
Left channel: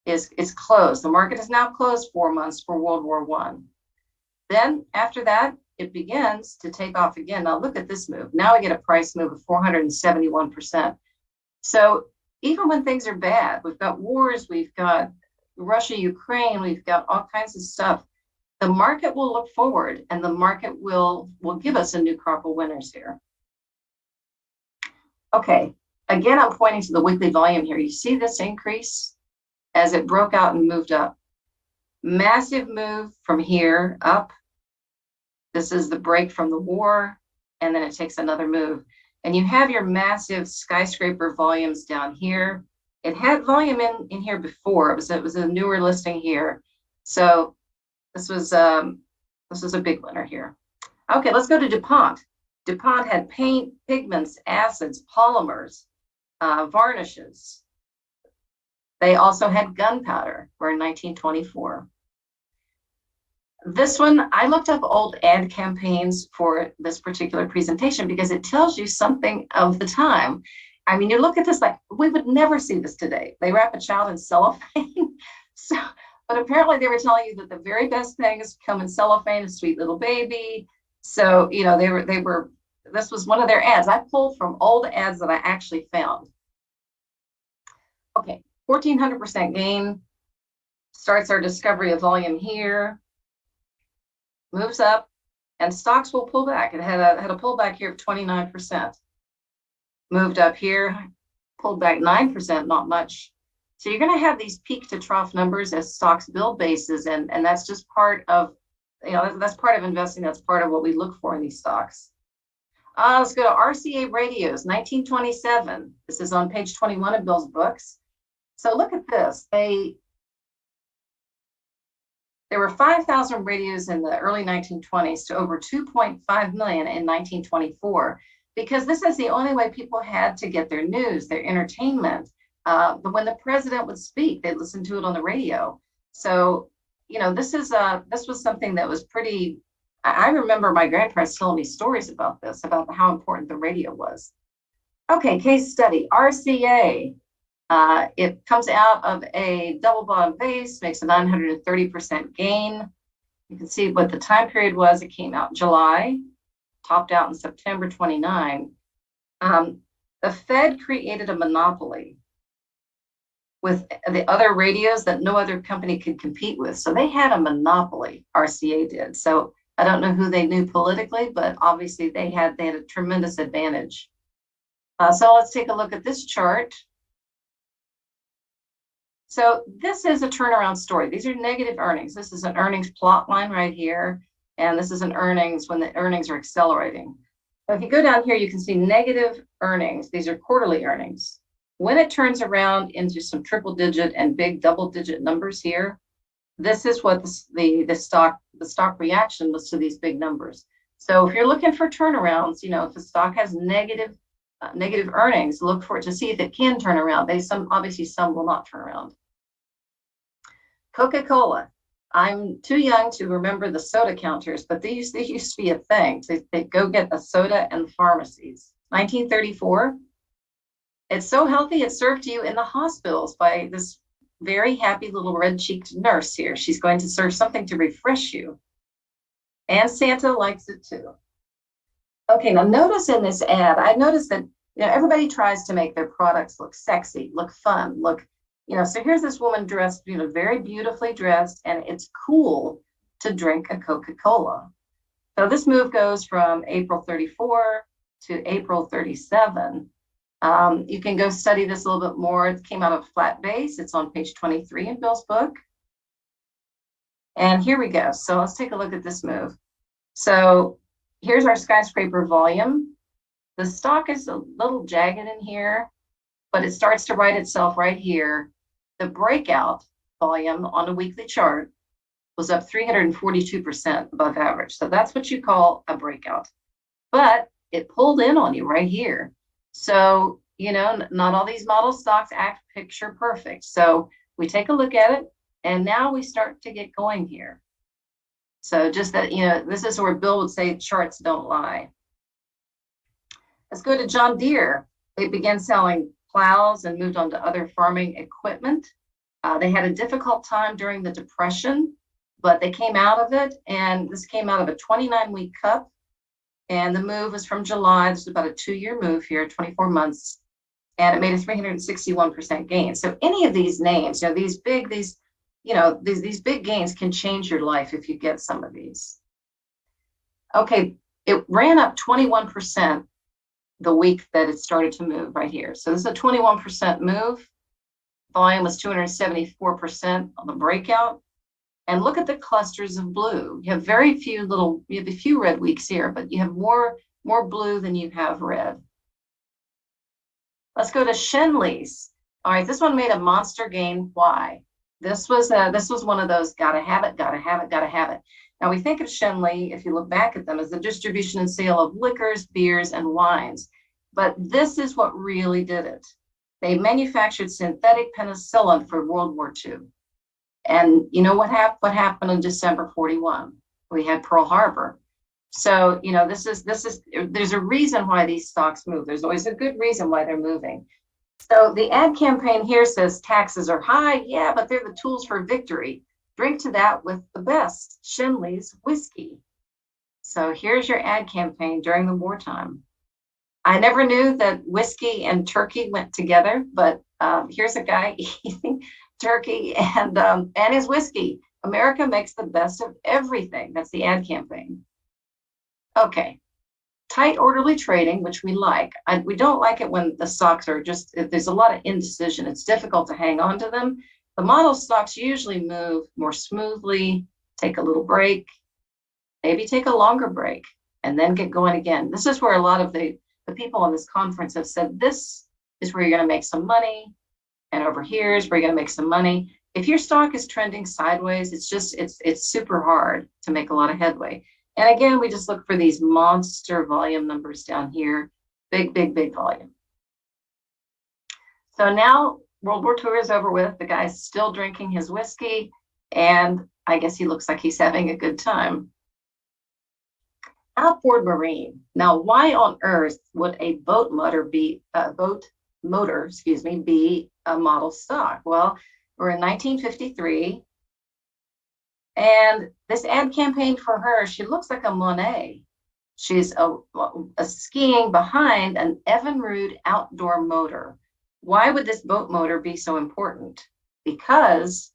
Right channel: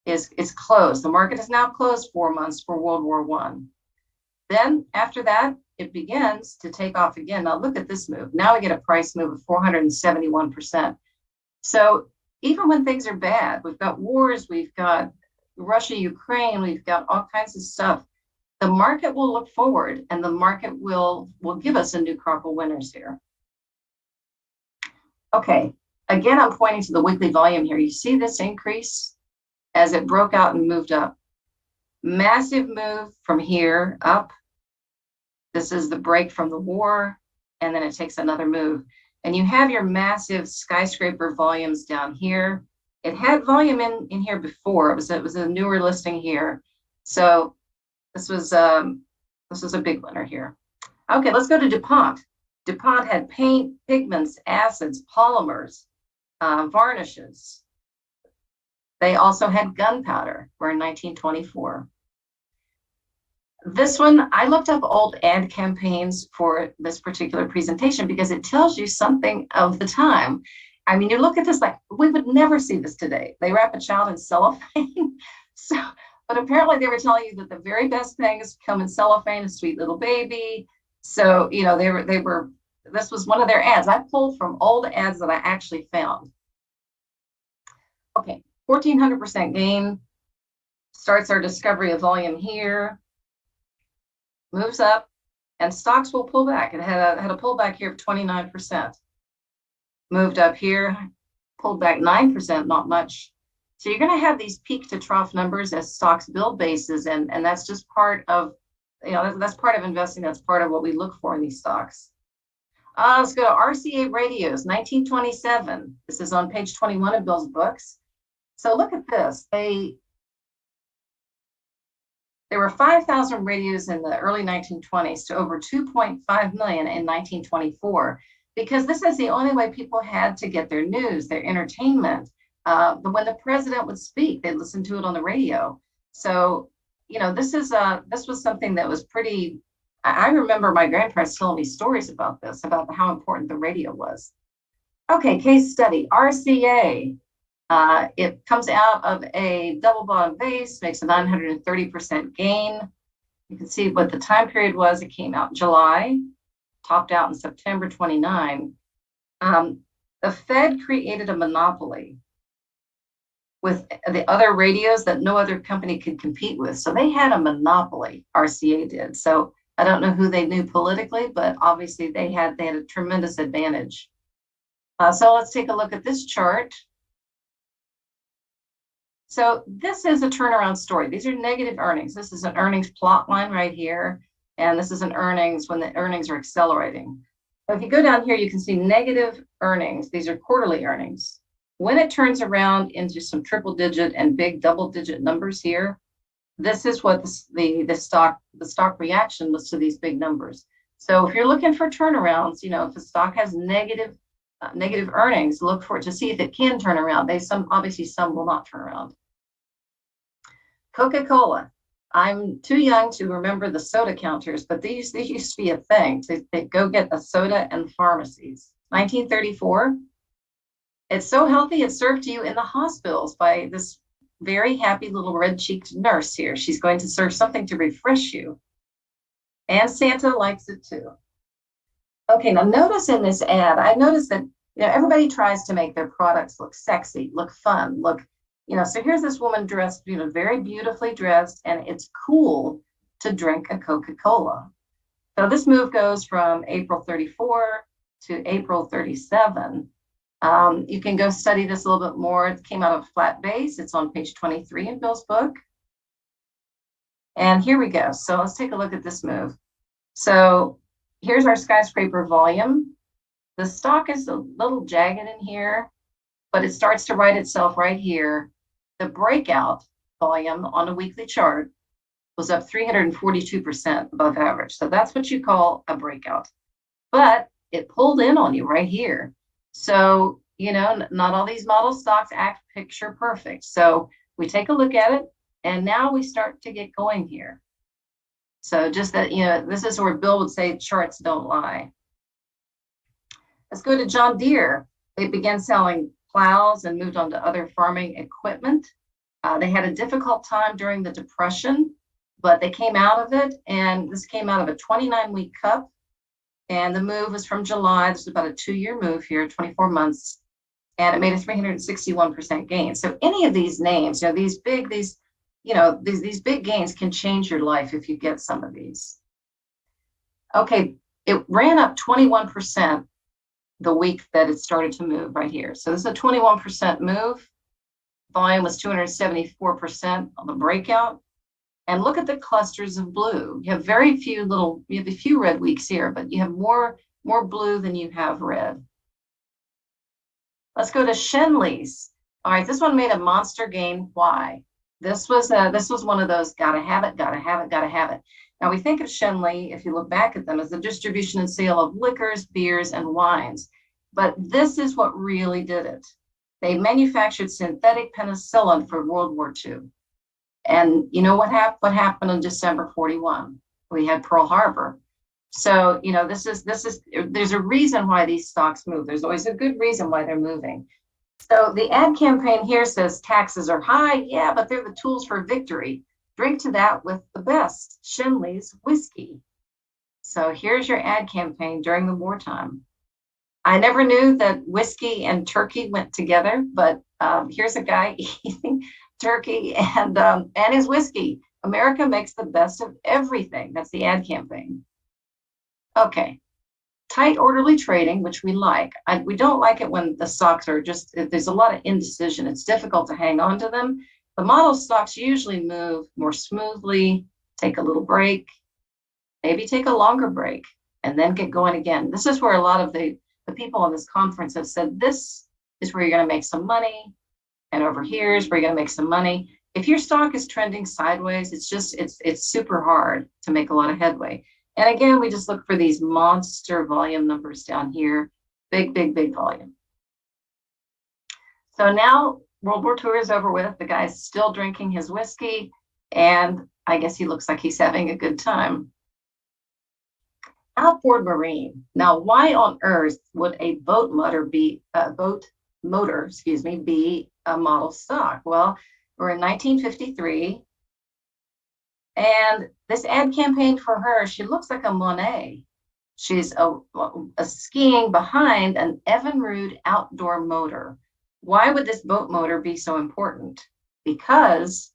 is closed. The market is now closed 4 months for World War I. Then after that, it begins to take off again. Now look at this move. Now we get a price move of 471%. So even when things are bad, we've got wars, we've got Russia, Ukraine, we've got all kinds of stuff. The market will look forward, and the market will give us a new crop of winners here. Okay, again, I'm pointing to the weekly volume here. You see this increase as it broke out and moved up. Massive move from here up. This is the break from the war, and then it takes another move. And you have your massive skyscraper volumes down here. It had volume in here before. It was a newer listing here. So this was a big winner here. Okay, let's go to DuPont. DuPont had paint, pigments, acids, polymers, varnishes. They also had gunpowder. We're in 1924. This one, I looked up old ad campaigns for this particular presentation because it tells you something of the time. I mean, you look at this like we would never see this today. They wrap a child in cellophane. So, but apparently they were telling you that the very best things come in cellophane, a sweet little baby. So, you know, they were, this was one of their ads. I pulled from old ads that I actually found. Okay, 1,400% gain. Starts our discovery of volume here. Moves up, and stocks will pull back. It had a pullback here of 29%. Moved up here, pulled back 9%, not much. So you're going to have these peak to trough numbers as stocks build bases, and that's just part of, you know, that's part of investing. That's part of what we look for in these stocks. Let's go to RCA Radios, 1927. This is on page 21 of Bill's books. So look at this. There were 5,000 radios in the early 1920s to over 2.5 million in 1924, because this is the only way people had to get their news, their entertainment. But when the president would speak, they'd listen to it on the radio. So, you know, this was something that was pretty, I remember my grandparents telling me stories about this, about how important the radio was. Okay, case study, RCA. It comes out of a double bottom base, makes a 930% gain. You can see what the time period was. It came out in July, topped out in September 29. The Fed created a monopoly with the other radios that no other company could compete with. So they had a monopoly, RCA did. So I don't know who they knew politically, but obviously they had a tremendous advantage. So let's take a look at this chart. So this is a turnaround story. These are negative earnings. This is an earnings plot line right here. And this is an earnings when the earnings are accelerating. So if you go down here, you can see negative earnings. These are quarterly earnings. When it turns around into some triple digit and big double digit numbers here, this is what the stock reaction was to these big numbers. So if you're looking for turnarounds, you know, if the stock has negative earnings, look for it to see if it can turn around. Obviously some will not turn around. Coca-Cola. I'm too young to remember the soda counters, but these used to be a thing. So they go get the soda in the pharmacies. 1934. It's so healthy, it's served to you in the hospitals by this very happy little red-cheeked nurse here. She's going to serve something to refresh you. And Santa likes it too. Okay, now notice in this ad, I noticed that, you know, everybody tries to make their products look sexy, look fun, look, you know, so here's this woman dressed, you know, very beautifully dressed, and it's cool to drink a Coca-Cola. So this move goes from April 34 to April 37. You can go study this a little bit more. It came out of flat base. It's on page 23 in Bill's book. And here we go. So let's take a look at this move. So here's our skyscraper volume. The stock is a little jagged in here, but it starts to right itself right here. The breakout volume on a weekly chart was up 342% above average. So that's what you call a breakout. But it pulled in on you right here. So, you know, not all these model stocks act picture perfect. So we take a look at it, and now we start to get going here. So just that, you know, this is where Bill would say charts don't lie. Let's go to John Deere. They began selling plows and moved on to other farming equipment. They had a difficult time during the Depression, but they came out of it, and this came out of a 29-week cup. And the move was from July. This is about a 2-year move here, 24 months. And it made a 361% gain. So any of these names, you know, these big gains can change your life if you get some of these. Okay, it ran up 21% the week that it started to move right here. So this is a 21% move. Volume was 274% on the breakout. And look at the clusters of blue. You have a few red weeks here, but you have more blue than you have red. Let's go to Shenley's. All right, this one made a monster gain. Why? This was one of those gotta have it. Now we think of Shenley, if you look back at them, as the distribution and sale of liquors, beers, and wines. But this is what really did it. They manufactured synthetic penicillin for World War II. And you know what happened in December 41? We had Pearl Harbor. So, there's a reason why these stocks move. There's always a good reason why they're moving. So the ad campaign here says taxes are high. Yeah, but they're the tools for victory. Drink to that with the best, Shinley's whiskey. So here's your ad campaign during the wartime. I never knew that whiskey and turkey went together, but here's a guy eating turkey and his whiskey. America makes the best of everything. That's the ad campaign. Okay. Tight, orderly trading, which we like. We don't like it when the stocks are just, there's a lot of indecision. It's difficult to hang on to them. The model stocks usually move more smoothly, take a little break, maybe take a longer break, and then get going again. This is where a lot of the people on this conference have said, this is where you're going to make some money, and over here is where you're going to make some money. If your stock is trending sideways, it's super hard to make a lot of headway. And again, we just look for these monster volume numbers down here, big, big, big volume. So now World War II is over with. The guy's still drinking his whiskey, and I guess he looks like he's having a good time. Outboard Marine. Now, why on earth would a boat motor be a model stock? Well, we're in 1953. And this ad campaign for her, she looks like a Monet. She's a skiing behind an Evinrude outdoor motor. Why would this boat motor be so important? Because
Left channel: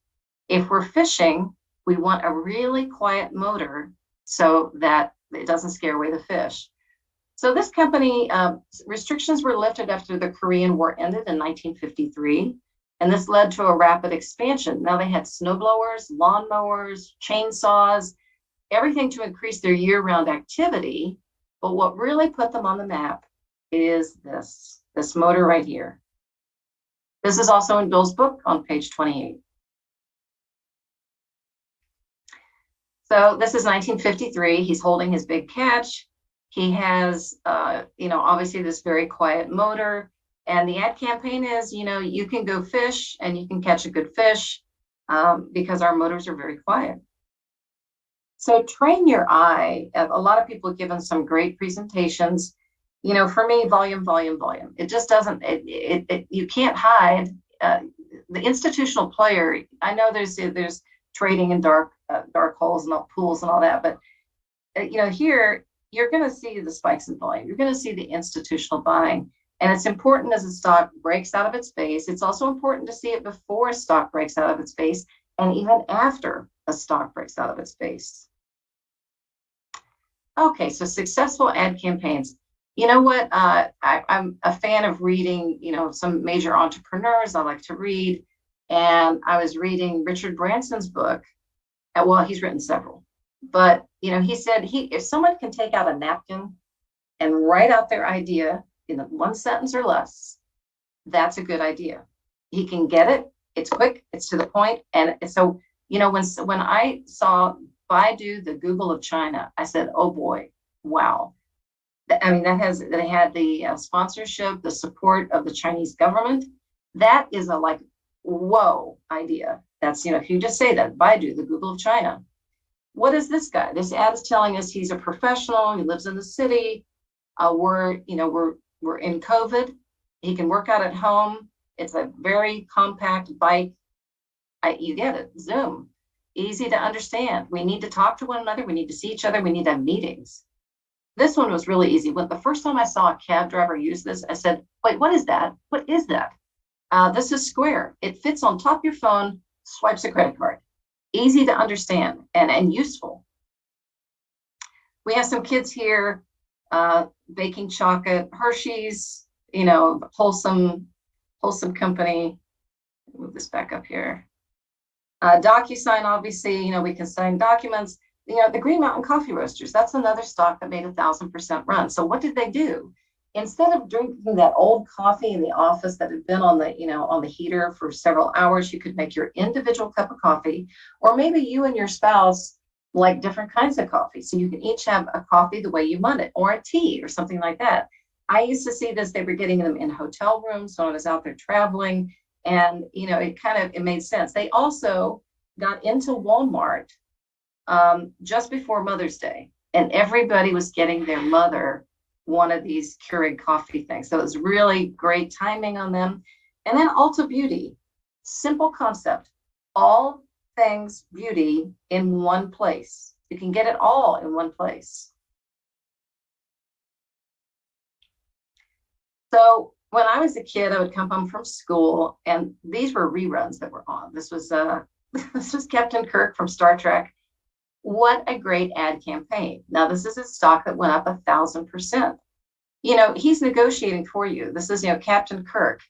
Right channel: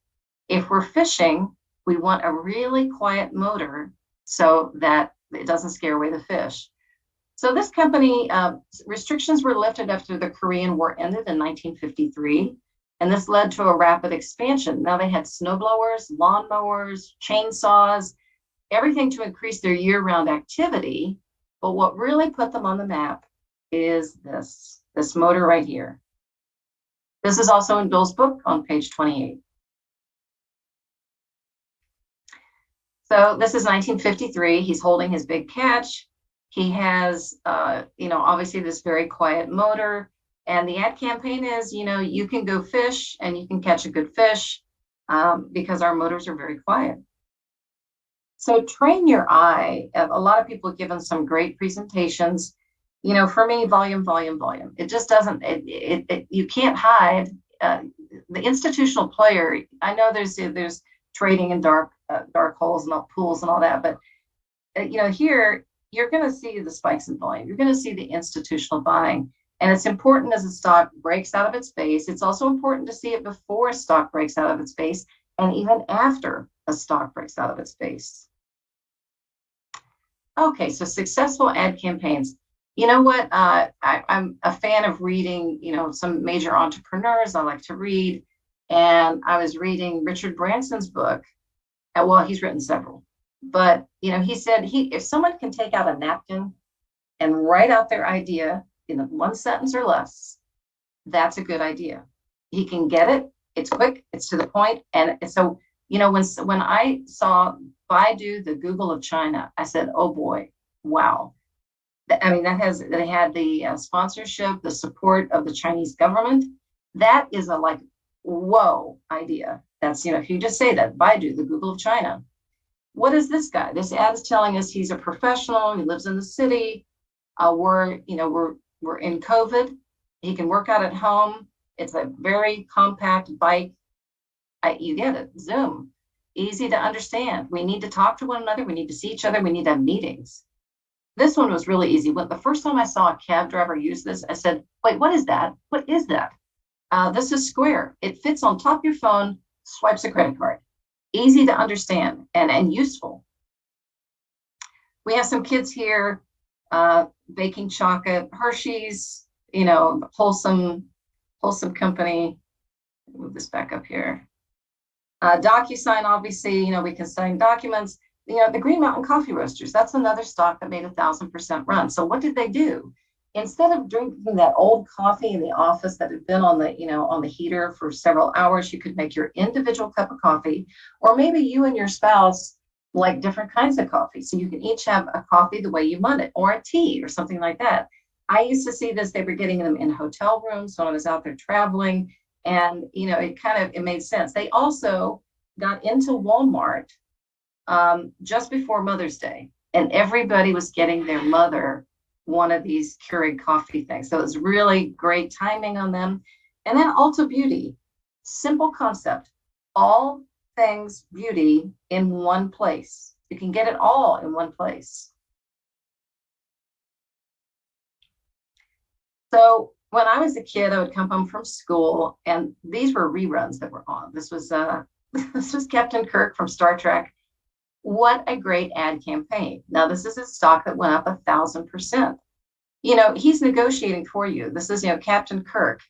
if we're fishing, we want a really quiet motor so that it doesn't scare away the fish. So this company, restrictions were lifted after the Korean War ended in 1953. And this led to a rapid expansion. Now they had snowblowers, lawnmowers, chainsaws, everything to increase their year-round activity. But what really put them on the map is this motor right here. This is also in Bill's book on page 28. So this is 1953. He's holding his big catch. He has, obviously this very quiet motor. And the ad campaign is, you can go fish and you can catch a good fish because our motors are very quiet. So train your eye. A lot of people have given some great presentations. For me, volume, volume, volume. It just doesn't, you can't hide. The institutional player, I know there's trading in dark holes and pools and all that, but here, you're going to see the spikes in volume. You're going to see the institutional buying. And it's important as a stock breaks out of its base. It's also important to see it before a stock breaks out of its base and even after a stock breaks out of its base. Okay, so successful ad campaigns. You know what? I'm a fan of reading, some major entrepreneurs I like to read. And I was reading Richard Branson's book. Well, he's written several. But, he said if someone can take out a napkin and write out their idea in one sentence or less, that's a good idea. He can get it. It's quick. It's to the point. And so, when I saw Baidu, the Google of China, I said, oh boy, wow. They had the sponsorship, the support of the Chinese government. That is a whoa idea. That's, if you just say that, Baidu, the Google of China. What is this guy? This ad is telling us he's a professional. He lives in the city. We're in COVID. He can work out at home. It's a very compact bike. You get it. Zoom. Easy to understand. We need to talk to one another. We need to see each other. We need to have meetings. This one was really easy. When the first time I saw a cab driver use this, I said, wait, what is that? What is that? This is Square. It fits on top of your phone, swipes a credit card. Easy to understand and useful. We have some kids here baking chocolate, Hershey's, wholesome company. Move this back up here. DocuSign, obviously, we can sign documents. The Green Mountain Coffee Roasters, that's another stock that made 1,000% run. So what did they do? Instead of drinking that old coffee in the office that had been on the heater for several hours, you could make your individual cup of coffee, or maybe you and your spouse like different kinds of coffee. So you can each have a coffee the way you want it, or a tea or something like that. I used to see this, they were getting them in hotel rooms. So I was out there traveling and, it made sense. They also got into Walmart just before Mother's Day. and everybody was getting their mother one of these Keurig coffee things. So it was really great timing on them. And then Ulta Beauty, simple concept, all things beauty in one place. You can get it all in one place. So when I was a kid, I would come home from school, and these were reruns that were on. This was this was Captain Kirk from Star Trek. What a great ad campaign. Now, this is a stock that went up 1,000%. You know, he's negotiating for you. This is, you know, Captain Kirk.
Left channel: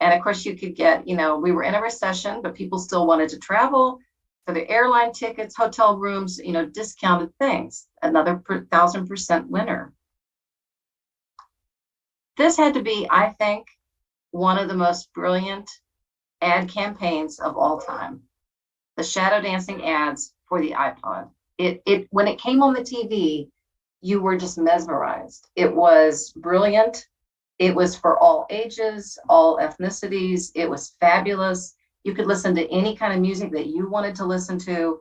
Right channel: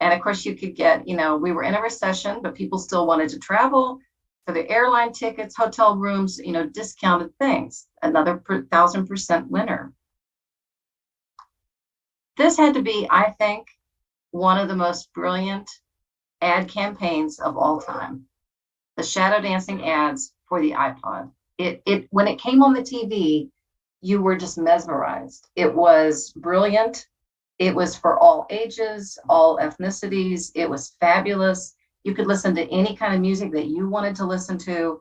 And of course, you could get, you know, we were in a recession, but people still wanted to travel for the airline tickets, hotel rooms, you know, discounted things. Another 1,000% winner. This had to be, I think, one of the most brilliant ad campaigns of all time. The shadow dancing ads for the iPod. It when it came on the TV, you were just mesmerized. It was brilliant. It was for all ages, all ethnicities. It was fabulous. You could listen to any kind of music that you wanted to listen to.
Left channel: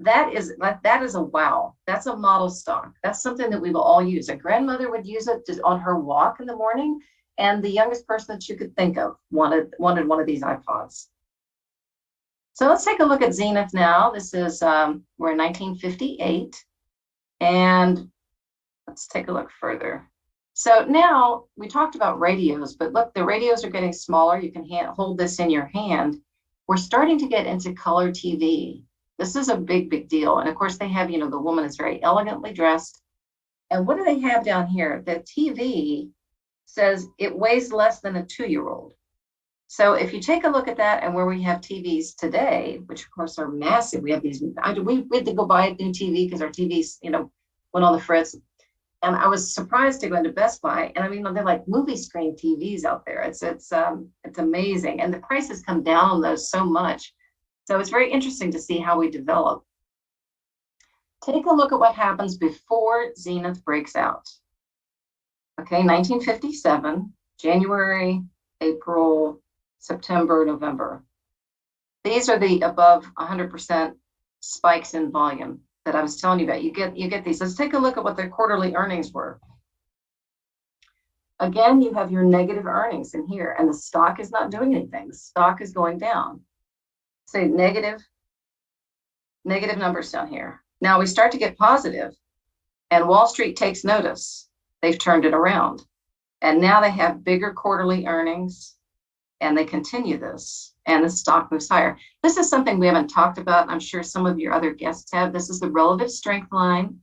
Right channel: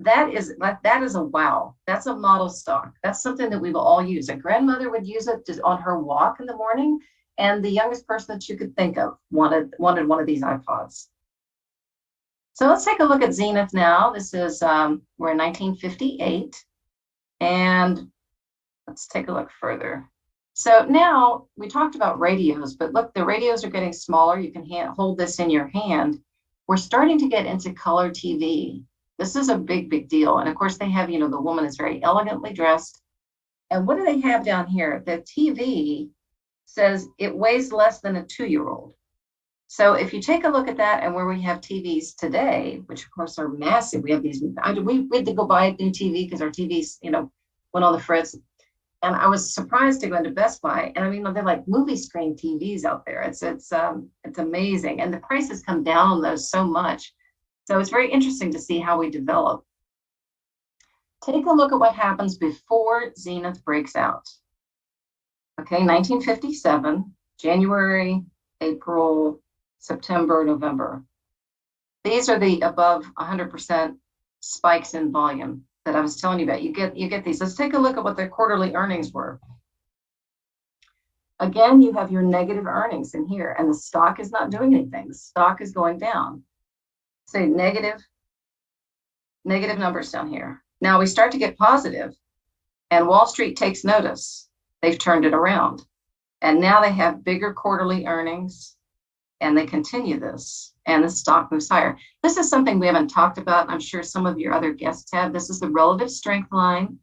That is a wow. That's a model stock. That's something that we will all use. A grandmother would use it just on her walk in the morning, and the youngest person that you could think of wanted one of these iPods. So let's take a look at Zenith now. This is, we're in 1958, and let's take a look further. So now we talked about radios, but look, the radios are getting smaller. You can hold this in your hand. We're starting to get into color TV. This is a big, big deal. And of course they have, you know, the woman is very elegantly dressed. And what do they have down here? The TV says it weighs less than a 2-year-old. So if you take a look at that and where we have TVs today, which of course are massive, we have these, we had to go buy a new TV because our TVs, you know, went on the fritz. And I was surprised to go into Best Buy, and I mean, they're like movie screen TVs out there. It's amazing, and the prices come down on those so much. So it's very interesting to see how we develop. Take a look at what happens before Zenith breaks out. Okay, 1957, January, April, September, November. These are the above 100% spikes in volume that I was telling you about. You get these. Let's take a look at what their quarterly earnings were. Again, you have your negative earnings in here, and the stock is not doing anything. The stock is going down. Say negative numbers down here. Now we start to get positive, and Wall Street takes notice. They've turned it around, and now they have bigger quarterly earnings, and they continue this, and the stock moves higher. This is something we haven't talked about. I'm sure some of your other guests have. This is the relative strength line.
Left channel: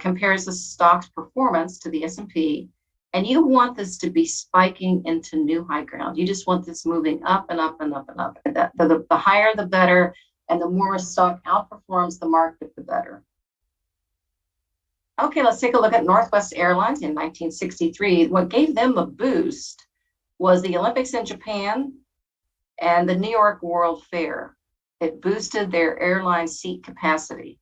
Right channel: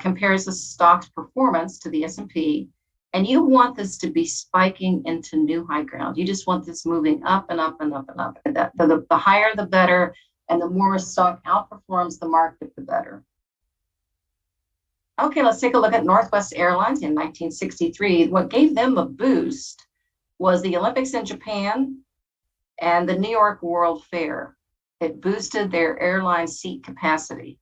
Compares the stock's performance to the S&P, and you want this to be spiking into new high ground. You just want this moving up and up and up and up. And the higher, the better, and the more a stock outperforms the market, the better. Okay, let's take a look at Northwest Airlines in 1963. What gave them a boost was the Olympics in Japan and the New York World Fair. It boosted their airline seat capacity.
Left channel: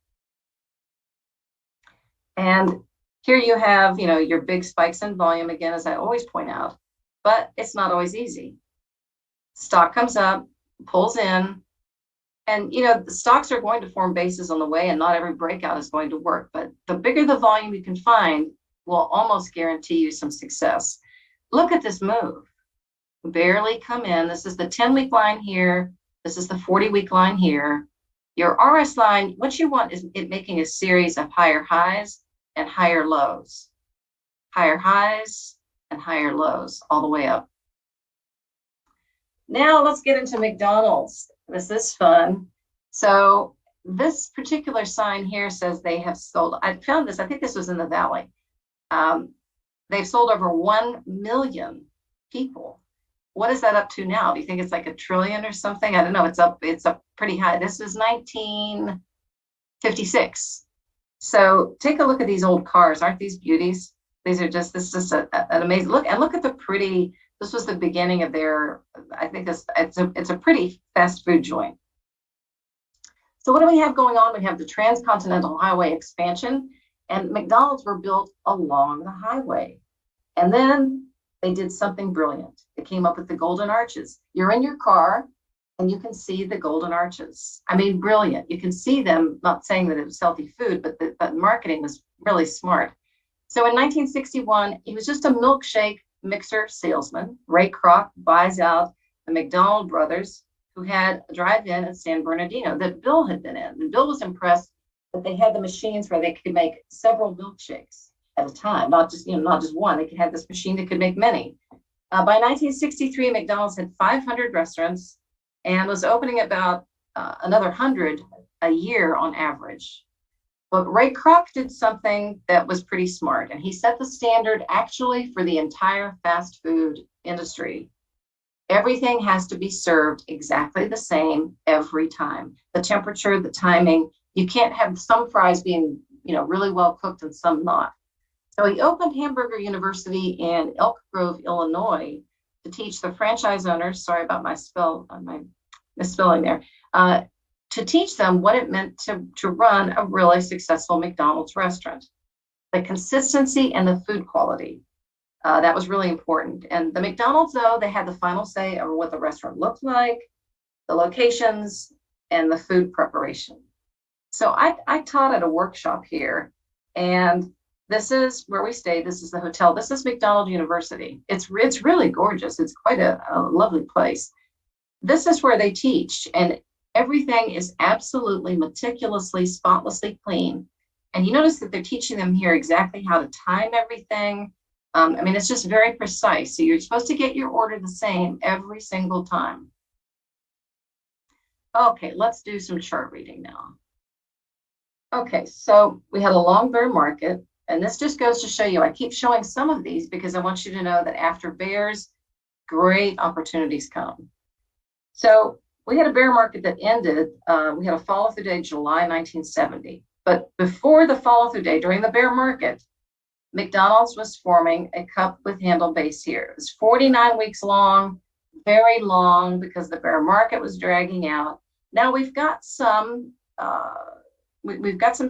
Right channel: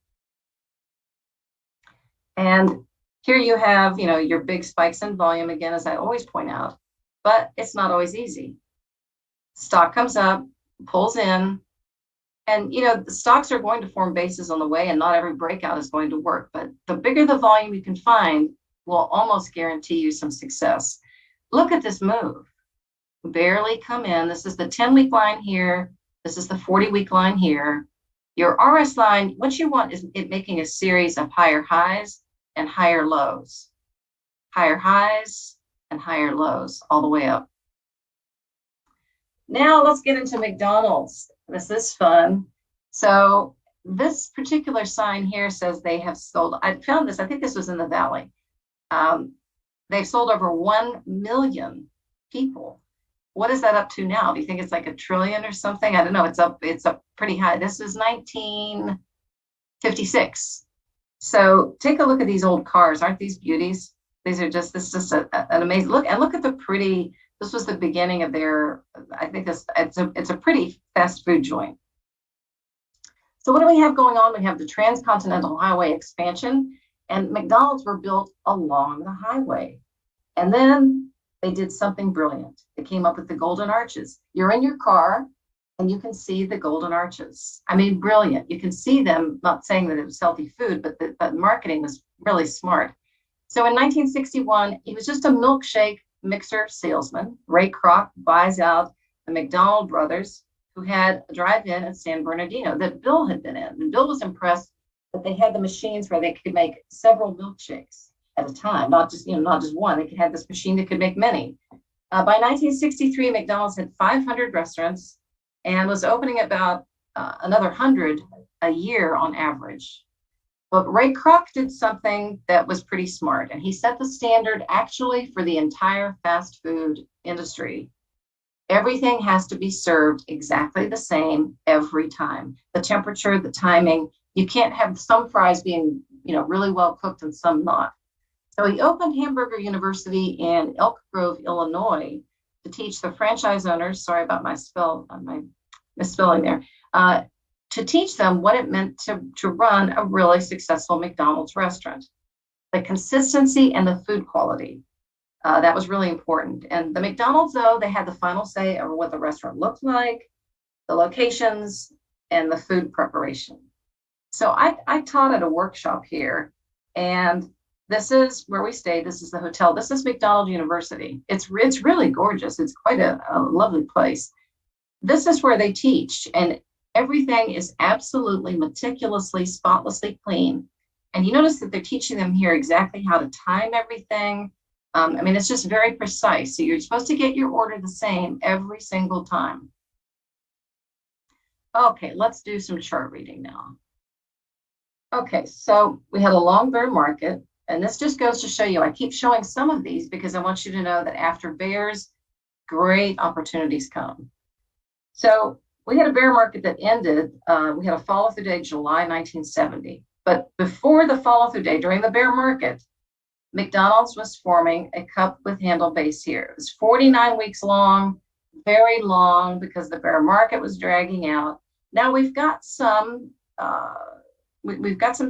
And here you have, you know, your big spikes in volume, again, as I always point out, but it's not always easy. Stock comes up, pulls in, and, you know, the stocks are going to form bases on the way, and not every breakout is going to work, but the bigger the volume you can find will almost guarantee you some success. Look at this move. Barely come in. This is the 10-week line here. This is the 40-week line here. Your RS line, what you want is it making a series of higher highs and higher lows. Higher highs and higher lows all the way up. Now let's get into McDonald's. This is fun. So this particular sign here says they have sold, I found this, I think this was in the Valley. They've sold over 1 million people. What is that up to now? Do you think it's like 1 trillion or something? I don't know. It's up pretty high. This is 1956. So take a look at these old cars. Aren't these beauties? These are just, this is an amazing look. And look at the pretty, this was the beginning of their, I think it's a pretty fast food joint. So what do we have going on? We have the Transcontinental Highway expansion, and McDonald's were built along the highway. And then they did something brilliant. They came up with the golden arches. You're in your car and you can see the golden arches. I mean, brilliant. You can see them, not saying that it was healthy food, but the marketing was really smart. So in 1961, he was just a milkshake mixer salesman. Ray Kroc buys out the McDonald brothers, who had a drive-in at San Bernardino that Bill had been in. And Bill was impressed that they had the machines where they could make several milkshakes at a time, not just one. They could have this machine that could make many. By 1963, McDonald's had 500 restaurants and was opening about another 100 a year on average. But Ray Kroc did something that was pretty smart, and he set the standard actually for the entire fast food industry. Everything has to be served exactly the same every time. The temperature, the timing. You can't have some fries being, really well cooked and some not. So he opened Hamburger University in Elk Grove, Illinois, to teach the franchise owners. Sorry about my misspelling there. To teach them what it meant to run a really successful McDonald's restaurant. The consistency and the food quality. That was really important. And the McDonald's, though, they had the final say over what the restaurant looked like, the locations, and the food preparation. So I taught at a workshop here, and this is where we stayed. This is the hotel. This is McDonald University. It's really gorgeous. It's quite a lovely place. This is where they teach, and everything is absolutely meticulously, spotlessly clean. And you notice that they're teaching them here exactly how to time everything. It's just very precise. So you're supposed to get your order the same every single time. Okay, let's do some chart reading now. Okay, so we had a long bear market, and this just goes to show you, I keep showing some of these because I want you to know that after bears, great opportunities come. So we had a bear market that ended, we had a follow-through day, July 1970. But before the follow-through day, during the bear market, McDonald's was forming a cup with handle base here. It was 49 weeks long, very long, because the bear market was dragging out. Now we've got some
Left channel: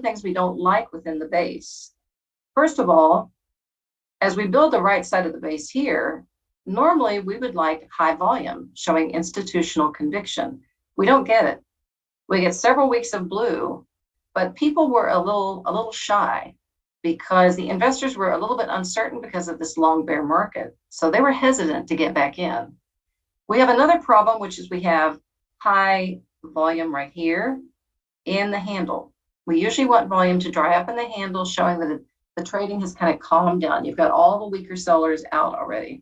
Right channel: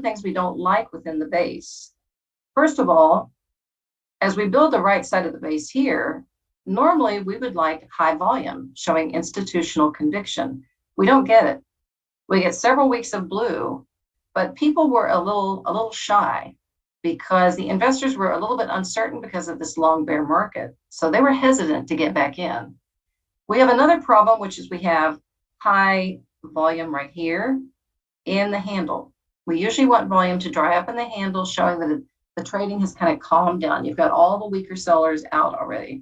things we don't like within the base. First of all, as we build the right side of the base here, normally we would like high volume, showing institutional conviction. We don't get it. We get several weeks of blue, but people were a little shy because the investors were a little bit uncertain because of this long bear market. So they were hesitant to get back in. We have another problem, which is we have high volume right here in the handle. We usually want volume to dry up in the handle, showing that the trading has kind of calmed down. You've got all the weaker sellers out already.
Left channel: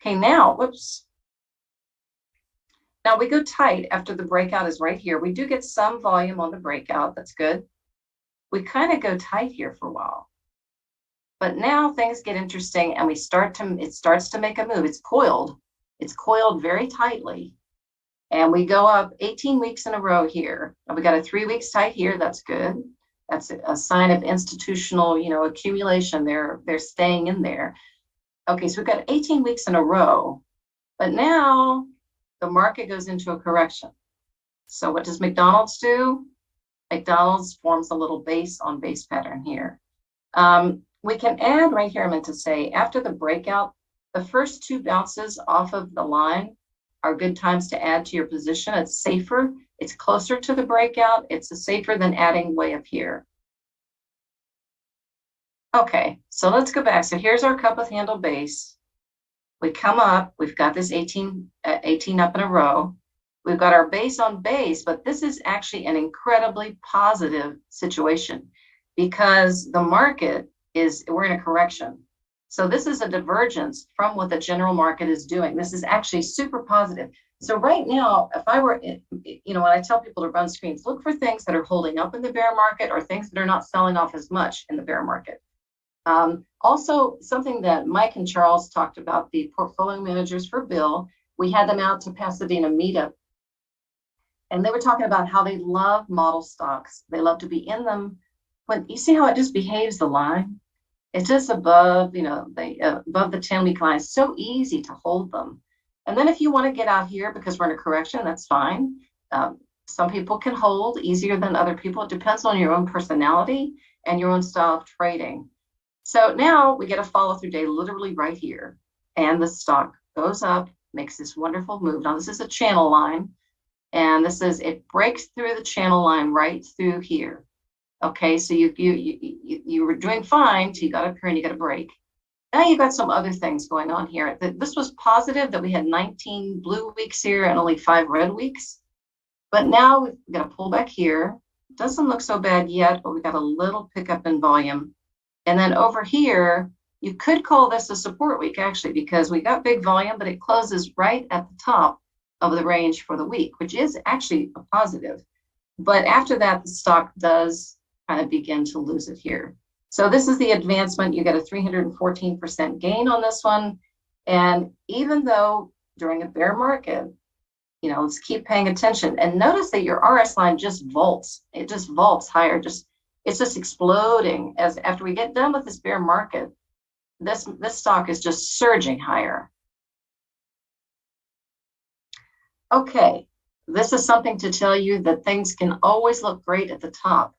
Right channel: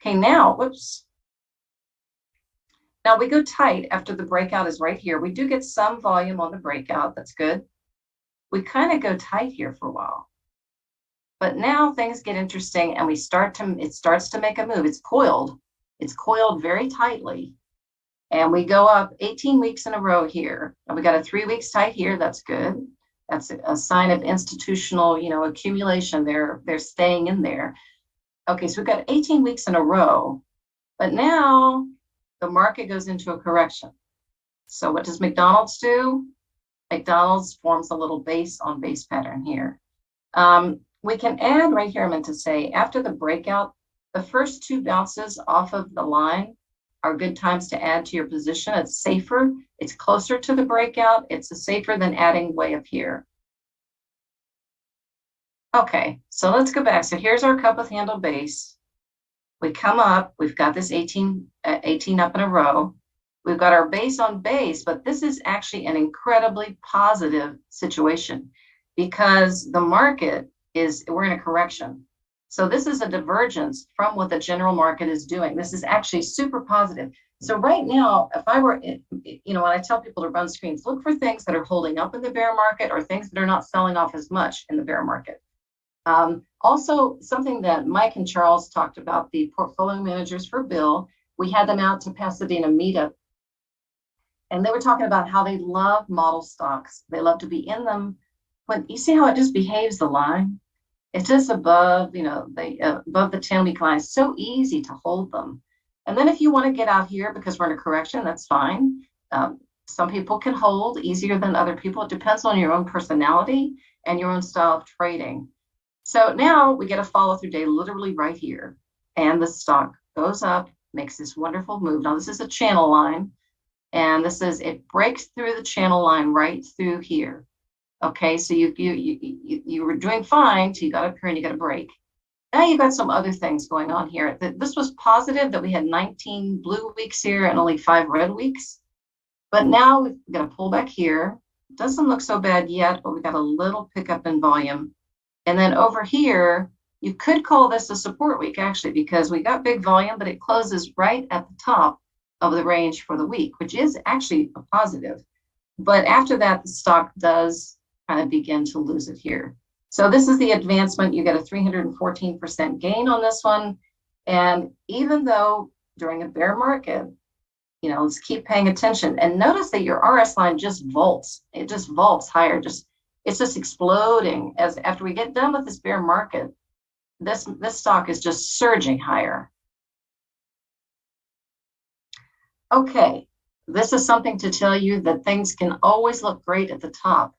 Okay, now, whoops. Now we go tight after the breakout is right here. We do get some volume on the breakout. That's good. We kind of go tight here for a while. But now things get interesting and it starts to make a move. It's coiled. It's coiled very tightly. And we go up 18 weeks in a row here. And we got a 3 weeks tight here. That's good. That's a sign of institutional, accumulation. They're staying in there. Okay, so we've got 18 weeks in a row. But now the market goes into a correction. So what does McDonald's do? McDonald's forms a little base on base pattern here. We can add right here, I meant to say, after the breakout, the first two bounces off of the line are good times to add to your position. It's safer. It's closer to the breakout. It's safer than adding way up here. Okay, so let's go back. So here's our cup with handle base. We come up. We've got this 18 up in a row. We've got our base on base, but this is actually an incredibly positive situation because the market we're in a correction. So this is a divergence from what the general market is doing. This is actually super positive. So right now, if I were, when I tell people to run screens, look for things that are holding up in the bear market or things that are not selling off as much in the bear market. Also, something that Mike and Charles talked about, the portfolio managers for Bill, we had them out to Pasadena meetup. And they were talking about how they love model stocks. They love to be in them. When you see how it just behaves the line, it's just above, above the 10-week line. It's so easy to hold them. And then if you want to get out here because we're in a correction, that's fine. Some people can hold easier than other people. It depends on your own personality and your own style of trading. So now we get a follow-through day literally right here. And the stock goes up, makes this wonderful move. Now this is a channel line. And it breaks through the channel line right through here. Okay, so you were doing fine, so you got up here and you got a break. Now you got some other things going on here. This was positive that we had 19 blue weeks here and only 5 red weeks. But now we've got a pullback here. Doesn't look so bad yet, but we got a little pickup in volume. And then over here, you could call this a support week actually, because we got big volume, but it closes right at the top of the range for the week, which is actually a positive. But after that, the stock does kind of begin to lose it here. So this is the advancement. You get a 314% gain on this one. And even though during a bear market, let's keep paying attention and notice that your RS line just vaults. It just vaults higher. It's just exploding as after we get done with this bear market, this stock is just surging higher. Okay, this is something to tell you that things can always look great at the top.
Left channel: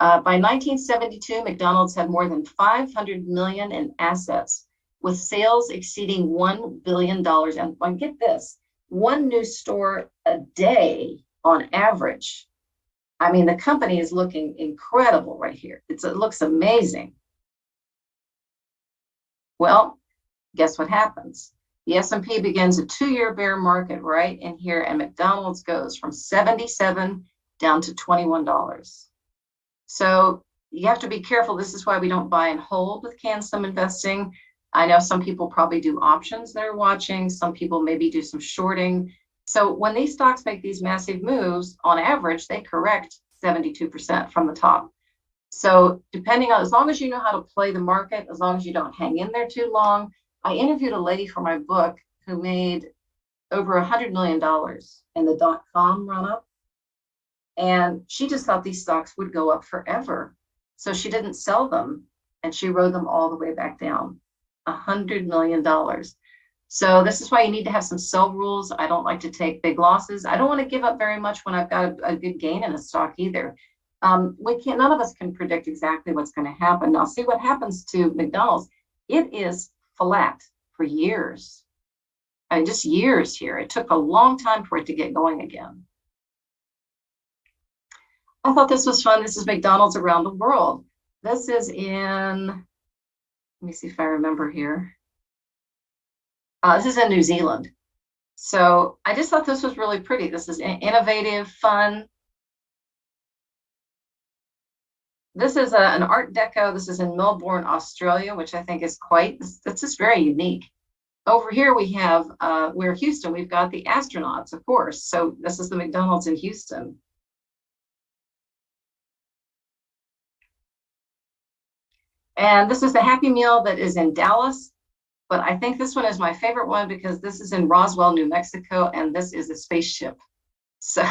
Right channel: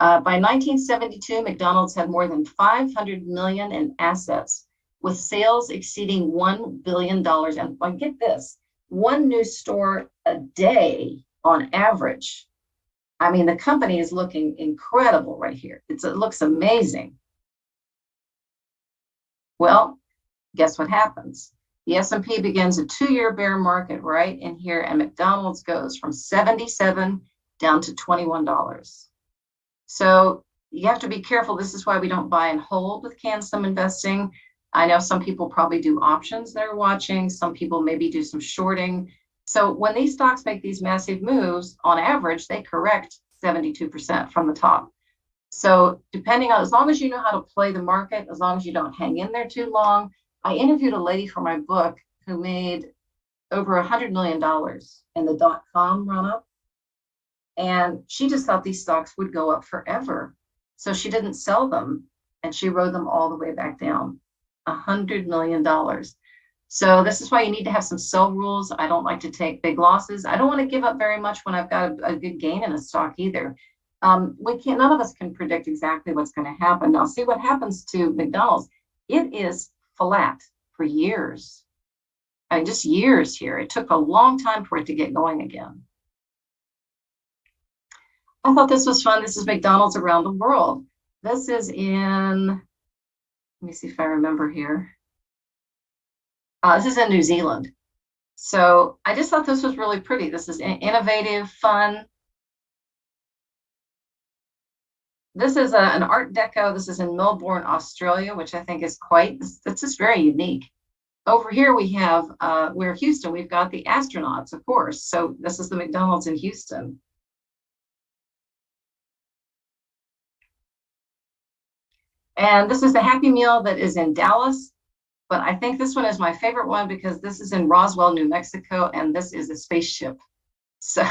By 1972, McDonald's had more than 500 million in assets, with sales exceeding $1 billion. And get this, one new store a day on average. I mean, the company is looking incredible right here. It looks amazing. Well, guess what happens? The S&P begins a 2-year bear market right in here, and McDonald's goes from 77 down to $21. So you have to be careful. This is why we don't buy and hold with CanSum investing. I know some people probably do options that are watching. Some people maybe do some shorting. So when these stocks make these massive moves, on average, they correct 72% from the top. So depending on, as long as you know how to play the market, as long as you don't hang in there too long. I interviewed a lady for my book who made over $100 million in the .com run-up. And she just thought these stocks would go up forever. So she didn't sell them, and she rode them all the way back down. $100 million. So this is why you need to have some sell rules. I don't like to take big losses. I don't want to give up very much when I've got a good gain in a stock either. None of us can predict exactly what's going to happen. Now see what happens to McDonald's. It is flat for years. Just years here. It took a long time for it to get going again. I thought this was fun. This is McDonald's around the world. This is in, let me see if I remember here. This is in New Zealand. So I just thought this was really pretty. This is innovative, fun. This is an Art Deco. This is in Melbourne, Australia, which I think is it's just very unique. Over here we have, we're Houston, we've got the astronauts, of course. So this is the McDonald's in Houston. And this is the Happy Meal that is in Dallas. But I think this one is my favorite one because this is in Roswell, New Mexico, and this is a spaceship. So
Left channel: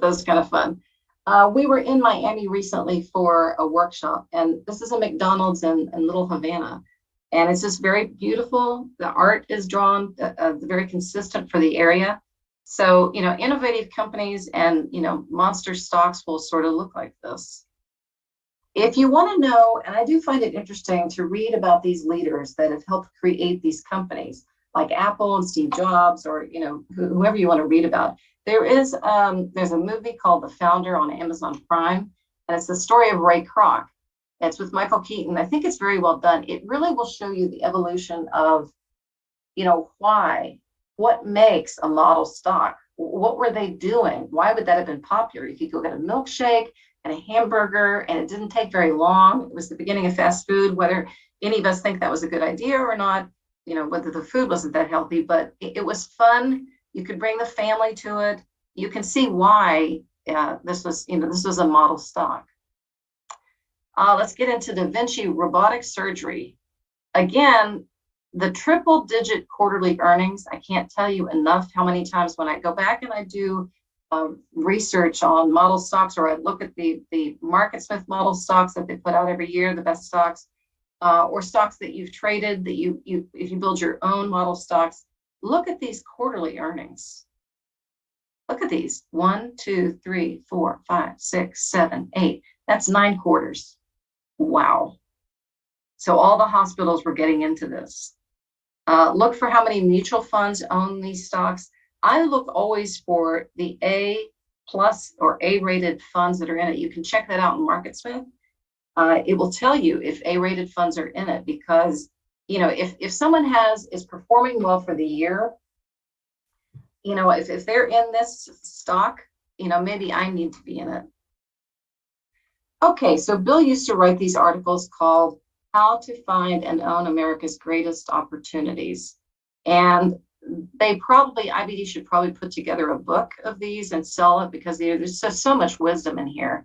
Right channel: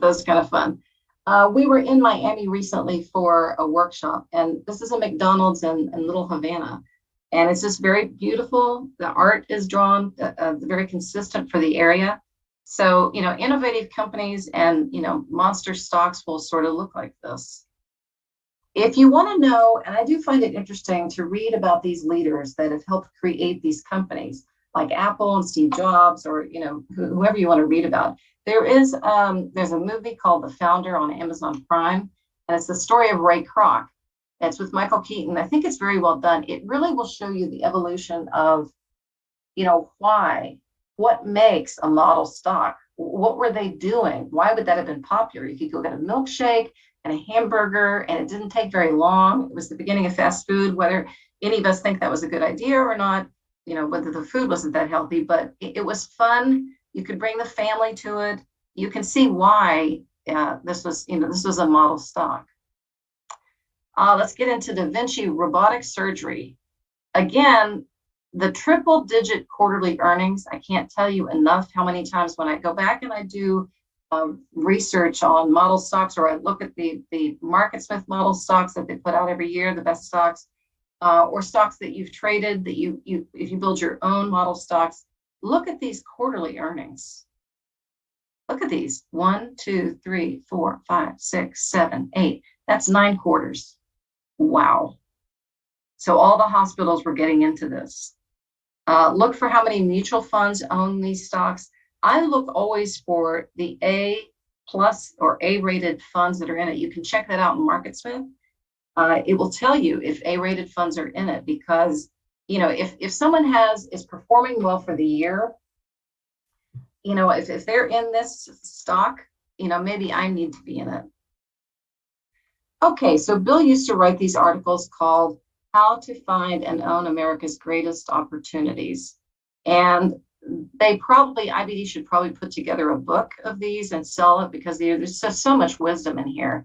those kind of fun. We were in Miami recently for a workshop, and this is a McDonald's in Little Havana. And it's just very beautiful. The art is drawn, very consistent for the area. So, innovative companies and, monster stocks will sort of look like this. If you want to know, and I do find it interesting to read about these leaders that have helped create these companies, like Apple and Steve Jobs, or whoever you want to read about. There's a movie called The Founder on Amazon Prime, and it's the story of Ray Kroc. It's with Michael Keaton. I think it's very well done. It really will show you the evolution of, what makes a model stock. What were they doing? Why would that have been popular? You could go get a milkshake and a hamburger, and it didn't take very long. It was the beginning of fast food. Whether any of us think that was a good idea or not, whether the food wasn't that healthy, but it was fun. You could bring the family to it. You can see why this was a model stock. Let's get into Da Vinci robotic surgery. Again, the triple-digit quarterly earnings. I can't tell you enough how many times when I go back and I do research on model stocks, or I look at the MarketSmith model stocks that they put out every year, the best stocks, or stocks that you've traded, that if you build your own model stocks, look at these quarterly earnings. Look at these, 1, 2, 3, 4, 5, 6, 7, 8. That's 9 quarters. Wow. So all the hospitals were getting into this. Look for how many mutual funds own these stocks. I look always for the A plus or A-rated funds that are in it. You can check that out in MarketSmith. It will tell you if A-rated funds are in it, because if someone is performing well for the year, if they're in this stock, maybe I need to be in it. Okay, so Bill used to write these articles called How to Find and Own America's Greatest Opportunities. And IBD should probably put together a book of these and sell it, because there's so much wisdom in here.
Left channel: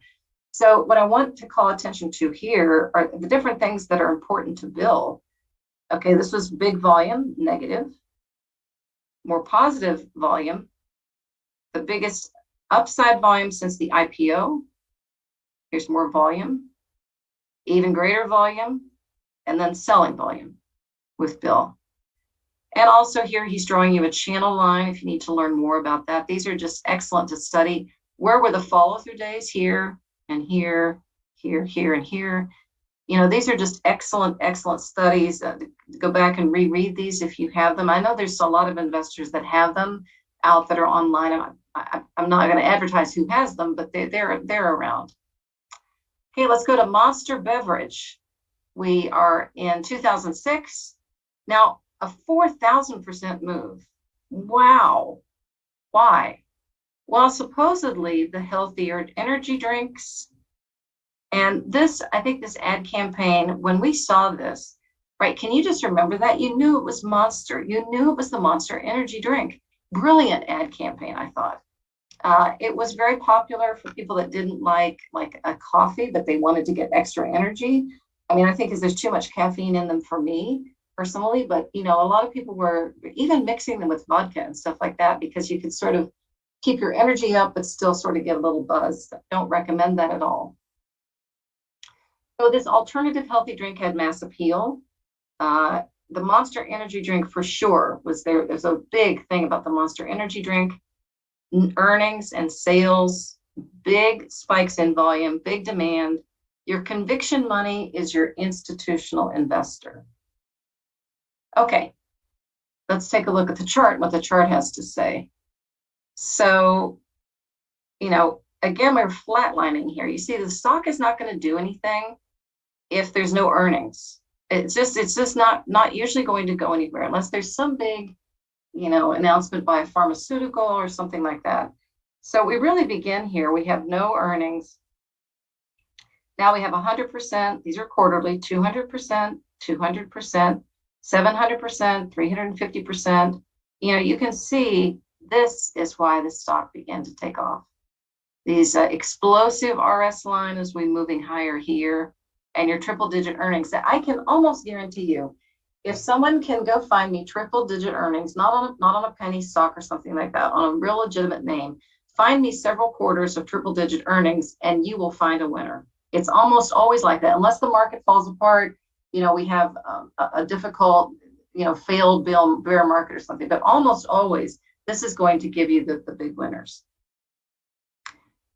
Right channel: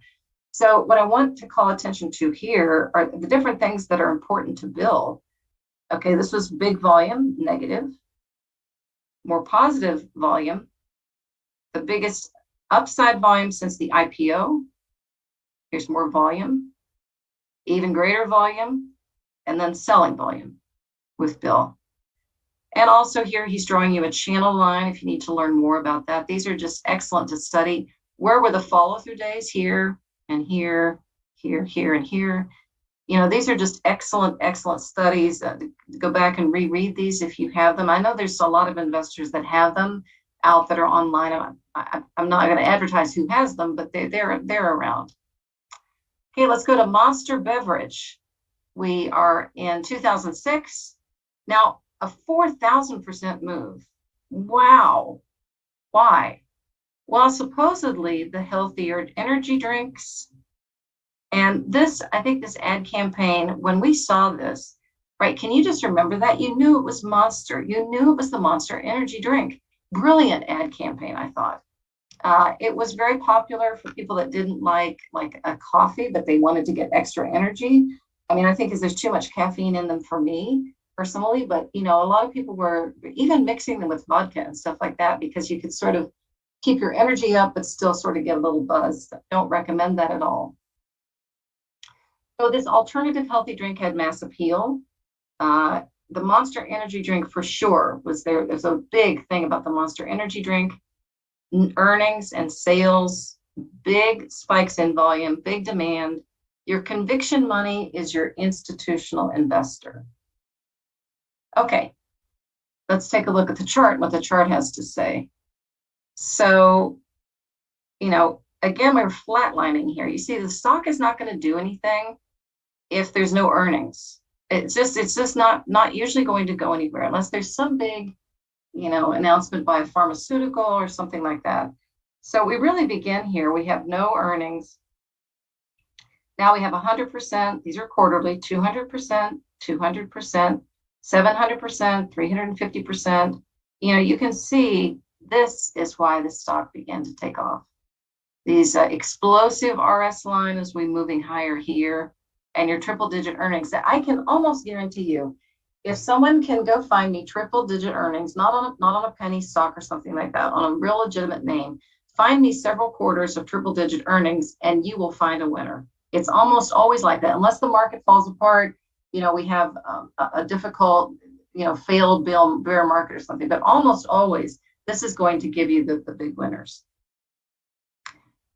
So what I want to call attention to here are the different things that are important to Bill. Okay, this was big volume, negative. More positive volume, the biggest upside volume since the IPO. Here's more volume, even greater volume, and then selling volume with Bill. And also here, he's drawing you a channel line if you need to learn more about that. These are just excellent to study. Where were the follow-through days? Here and here, here, here, and here. These are just excellent, excellent studies. Go back and reread these if you have them. I know there's a lot of investors that have them out that are online. I'm not going to advertise who has them, but they're around. Okay, let's go to Monster Beverage. We are in 2006. Now, a 4,000% move. Wow. Why? Well, supposedly the healthier energy drinks. And I think this ad campaign, when we saw this, right, can you just remember that? You knew it was Monster. You knew it was the Monster energy drink. Brilliant ad campaign, I thought. It was very popular for people that didn't like a coffee, but they wanted to get extra energy. I mean, I think there's too much caffeine in them for me personally, but a lot of people were even mixing them with vodka and stuff like that, because you could sort of keep your energy up, but still sort of get a little buzz. Don't recommend that at all. So this alternative healthy drink had mass appeal. The Monster energy drink for sure was there. There's a big thing about the Monster energy drink. Earnings and sales, big spikes in volume, big demand. Your conviction money is your institutional investor. Okay, let's take a look at the chart, what the chart has to say. So, again, we're flatlining here. You see, the stock is not going to do anything if there's no earnings. It's just not usually going to go anywhere unless there's some big announcement by a pharmaceutical or something like that. So we really begin here. We have no earnings. Now we have 100%. These are quarterly, 200%, 200%, 700%, 350%. You can see this is why the stock began to take off. These explosive RS line as we moving higher here, and your triple digit earnings that I can almost guarantee you, if someone can go find me triple digit earnings, not on a penny stock or something like that, on a real legitimate name, find me several quarters of triple digit earnings and you will find a winner. It's almost always like that, unless the market falls apart. We have a difficult, failed bear market or something, but almost always this is going to give you the big winners.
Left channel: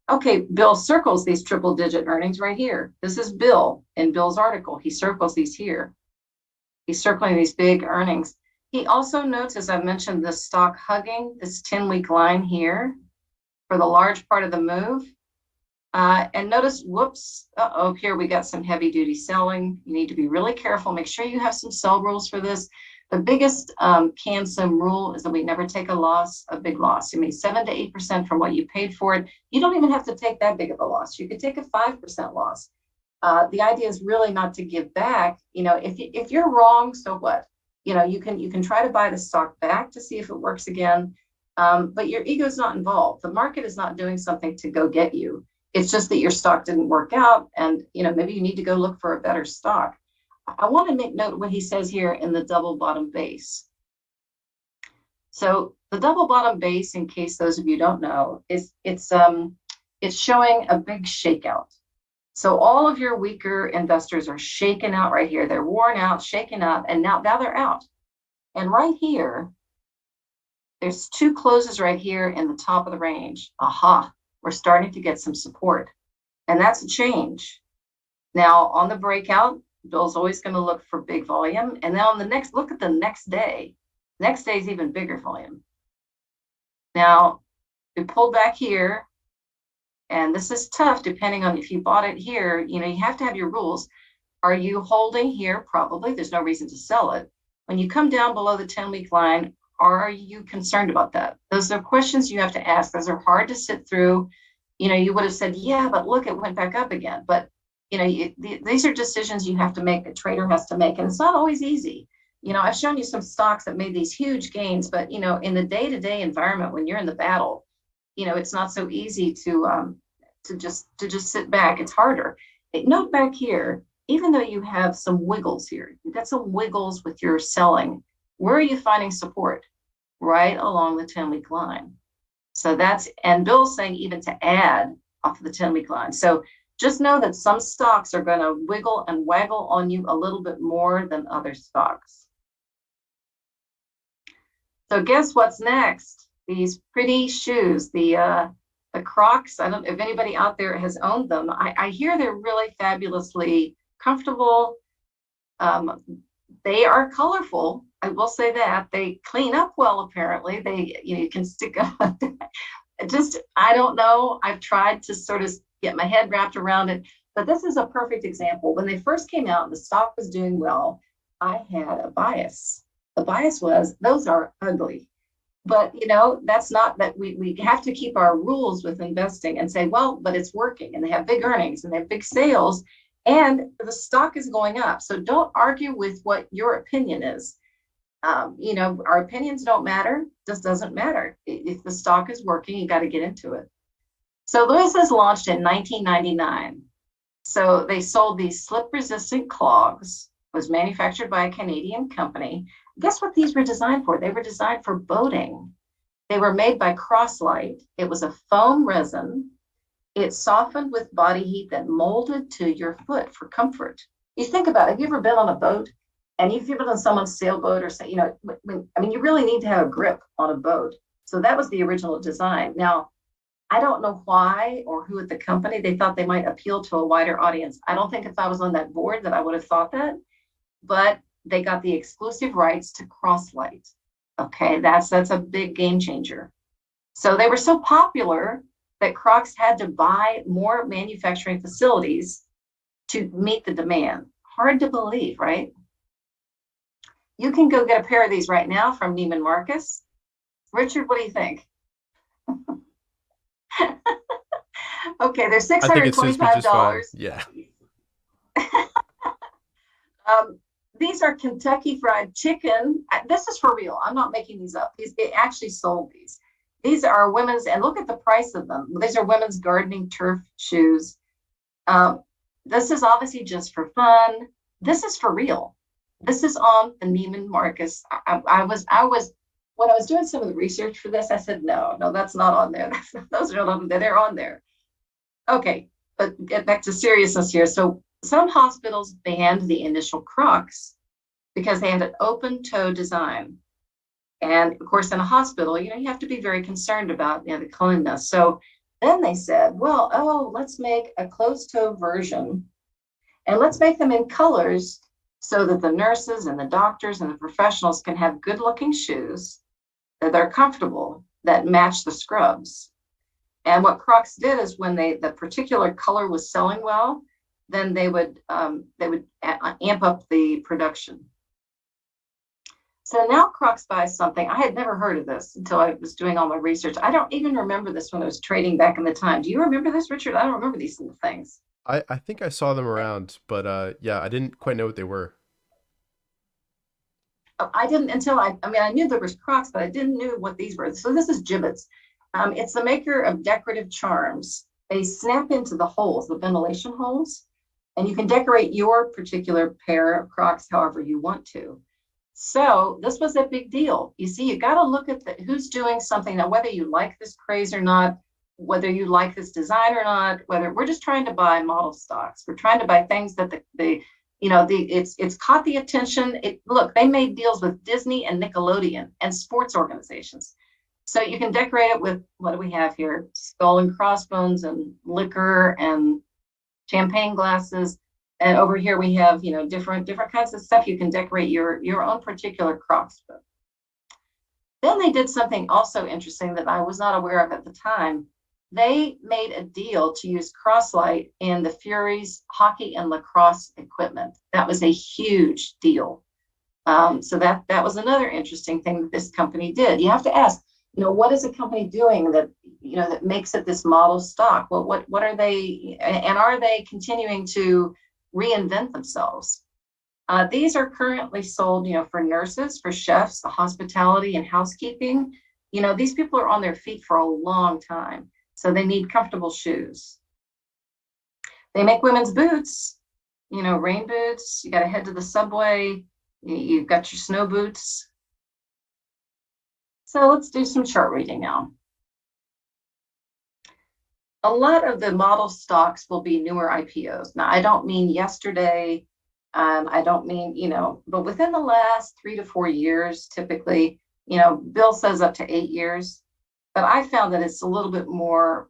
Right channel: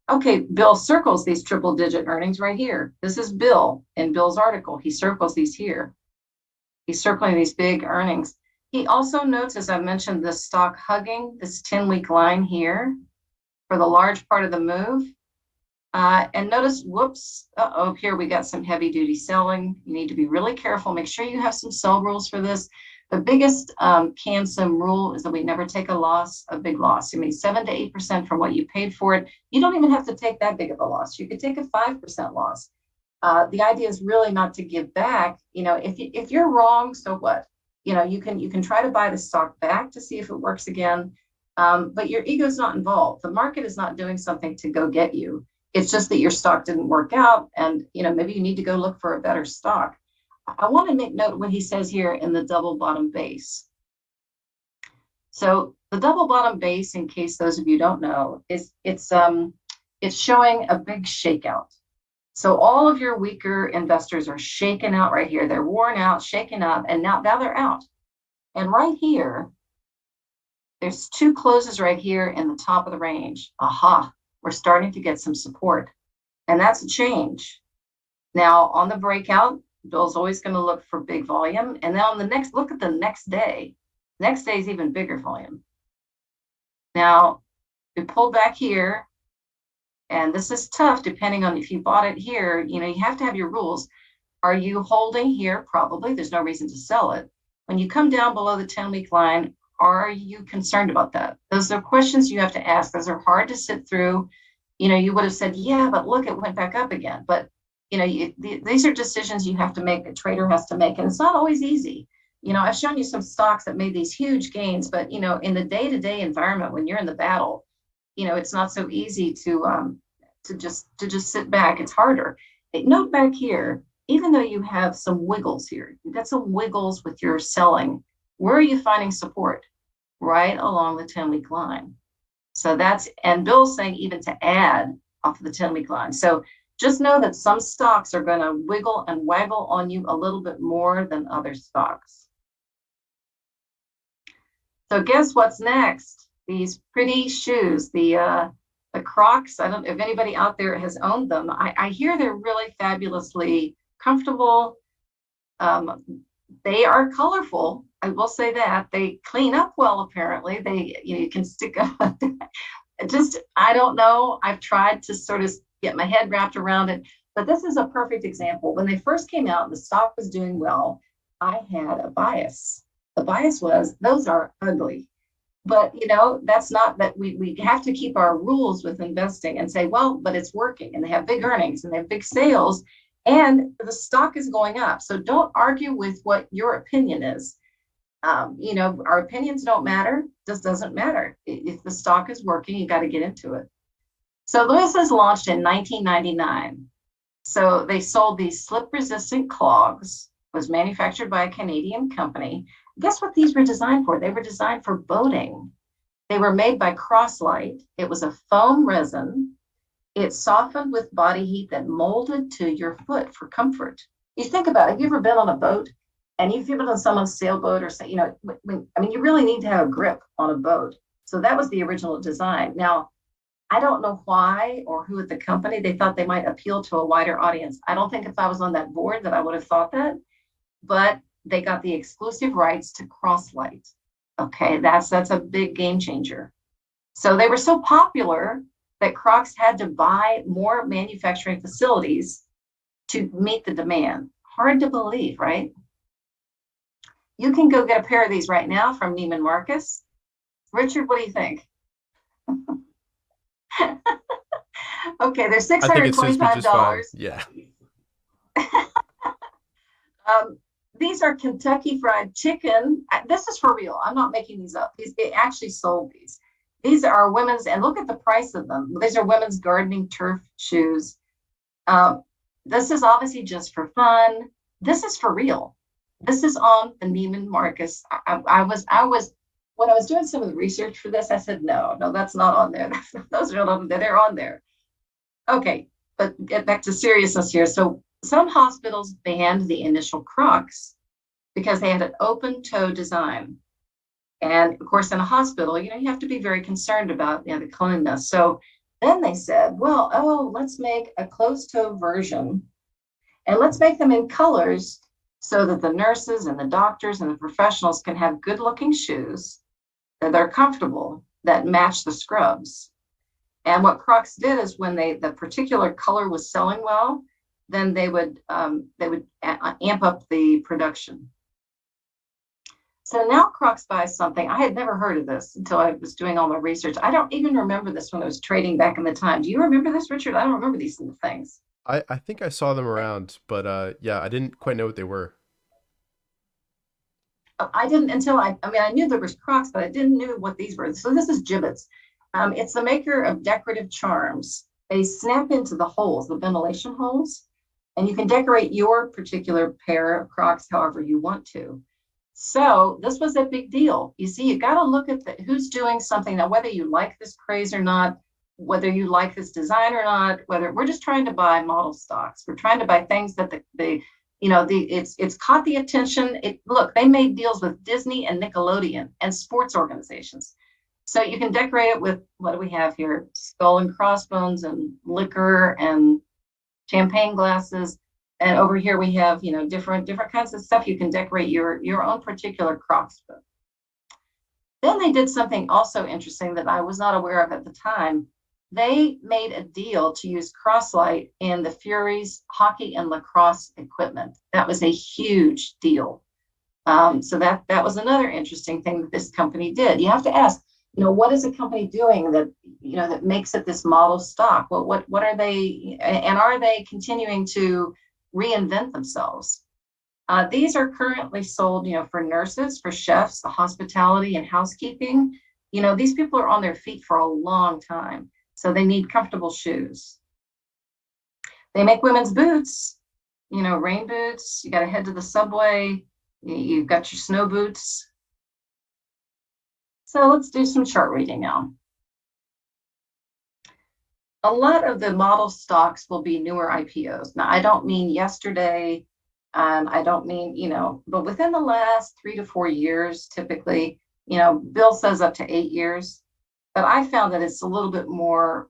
Okay, Bill circles these triple digit earnings right here. This is Bill in Bill's article. He circles these here. He's circling these big earnings. He also notes, as I mentioned, the stock hugging this 10-week line here for the large part of the move. And notice, whoops, here we got some heavy duty selling. You need to be really careful. Make sure you have some sell rules for this. The biggest CANSOM rule is that we never take a big loss. I mean, 7 to 8% from what you paid for it. You don't even have to take that big of a loss. You could take a 5% loss. The idea is really not to give back. If you're wrong, so what? You can try to buy the stock back to see if it works again, but your ego is not involved. The market is not doing something to go get you. It's just that your stock didn't work out, and maybe you need to go look for a better stock. I want to make note what he says here in the double bottom base. So the double bottom base, in case those of you don't know, it's showing a big shakeout. So all of your weaker investors are shaken out right here. They're worn out, shaken out, and now they're out. And right here, there's two closes right here in the top of the range. Aha, we're starting to get some support. And that's a change. Now on the breakout, Bill's always going to look for big volume. And then on the next, look at the next day. Next day is even bigger volume. Now, we pulled back here. And this is tough depending on if you bought it here, you have to have your rules. Are you holding here? Probably. There's no reason to sell it. When you come down below the 10-week line, are you concerned about that? Those are questions you have to ask. Those are hard to sit through. You would have said, yeah, but look, it went back up again. But, these are decisions you have to make, a trader has to make, and it's not always easy. I've shown you some stocks that made these huge gains, but, in the day-to-day environment, when you're in the battle, it's not so easy to just sit back. It's harder. Note back here, even though you have some wiggles here, you've got some wiggles with your selling. Where are you finding support? Right along the 10-week line. So and Bill's saying even to add off of the 10-week line. So just know that some stocks are going to wiggle and waggle on you a little bit more than other stocks. So guess what's next? These pretty shoes, the Crocs. I don't know if anybody out there has owned them. I hear they're really fabulously comfortable. They are colorful. I will say that. They clean up well, apparently. You can stick up. I don't know. I've tried to sort of get my head wrapped around it, but this is a perfect example. When they first came out, the stock was doing well. I had a bias. The bias was, those are ugly. But, that's not that we have to keep our rules with investing and say, well, but it's working and they have big earnings and they have big sales and the stock is going up. So don't argue with what your opinion is. Our opinions don't matter. This doesn't matter. If the stock is working, you got to get into it. So Lewis was launched in 1999. So they sold these slip-resistant clogs, was manufactured by a Canadian company. Guess what these were designed for? They were designed for boating. They were made by Croslite. It was a foam resin. It softened with body heat that molded to your foot for comfort. You think about it. Have you ever been on a boat and you've been on someone's sailboat or say, you really need to have a grip on a boat. So that was the original design. Now, I don't know why or who at the company, they thought they might appeal to a wider audience. I don't think if I was on that board that I would have thought that, but they got the exclusive rights to Croslite. Okay, that's a big game changer. So they were so popular that Crocs had to buy more manufacturing facilities to meet the demand. Hard to believe, right? You can go get a pair of these right now from Neiman Marcus. Richard, what do you think? Okay, they're $625. I think it suits me just fine. Yeah. These are Kentucky Fried Chicken. This is for real. I'm not making these up. They actually sold these. These are women's, and look at the price of them. These are women's gardening turf shoes. This is obviously just for fun. This is for real. This is on the Neiman Marcus. I was when I was doing some of the research for this, I said, no, that's not on there. Those are not on there. They're on there. Okay, but get back to seriousness here. So some hospitals banned the initial Crocs because they had an open toe design. And of course, in a hospital, you have to be very concerned about the cleanliness. So then they said, let's make a closed toe version and let's make them in colors so that the nurses and the doctors and the professionals can have good looking shoes that are comfortable, that match the scrubs. And what Crocs did is when the particular color was selling well, then they would amp up the production. So now Crocs buys something. I had never heard of this until I was doing all my research. I don't even remember this when I was trading back in the time. Do you remember this, Richard? I don't remember these things. I think I saw them around, but yeah, I didn't quite know what they were. I didn't until I knew there was Crocs, but I didn't know what these were. So this is Gibbets. It's the maker of decorative charms. They snap into the holes, the ventilation holes, and you can decorate your particular pair of Crocs however you want to. So this was a big deal. You see, you got to look at who's doing something now, whether you like this craze or not, whether you like this design or not, whether we're just trying to buy model stocks. We're trying to buy things that it's caught the attention. Look, they made deals with Disney and Nickelodeon and sports organizations. So you can decorate it with, what do we have here? Skull and crossbones and liquor and champagne glasses. And over here we have, different kinds of stuff you can decorate your own particular Crocs with. Then they did something also interesting that I was not aware of at the time. They made a deal to use Crosslight in the Furies hockey and lacrosse equipment. That was a huge deal. So that was another interesting thing that this company did. You have to ask, what is a company doing that, that makes it this model stock? Well, what are they, and are they continuing to reinvent themselves? These are currently sold, for nurses, for chefs, hospitality and housekeeping. These people are on their feet for a long time, so they need comfortable shoes. They make women's boots, rain boots. You got to head to the subway. You've got your snow boots. So let's do some chart reading now. A lot of the model stocks will be newer IPOs. Now, I don't mean yesterday. I don't mean, but within the last 3 to 4 years, typically, Bill says up to 8 years, but I found that it's a little bit more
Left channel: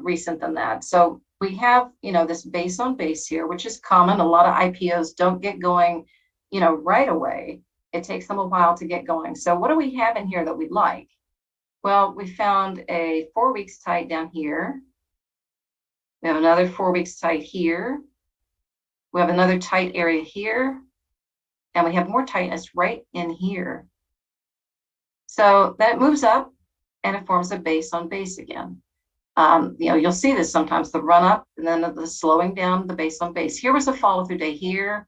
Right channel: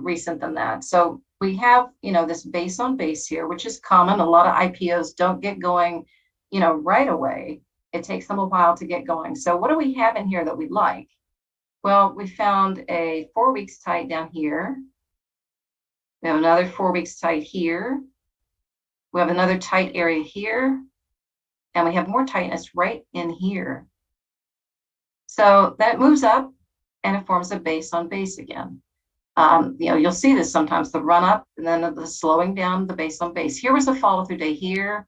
recent than that. So we have, this base on base here, which is common. A lot of IPOs don't get going, right away. It takes them a while to get going. So what do we have in here that we like? Well, we found a 4 weeks tight down here. We have another 4 weeks tight here. We have another tight area here. And we have more tightness right in here. So then it moves up and it forms a base on base again. You'll see this sometimes, the run up and then the slowing down, the base on base. Here was a follow through day here.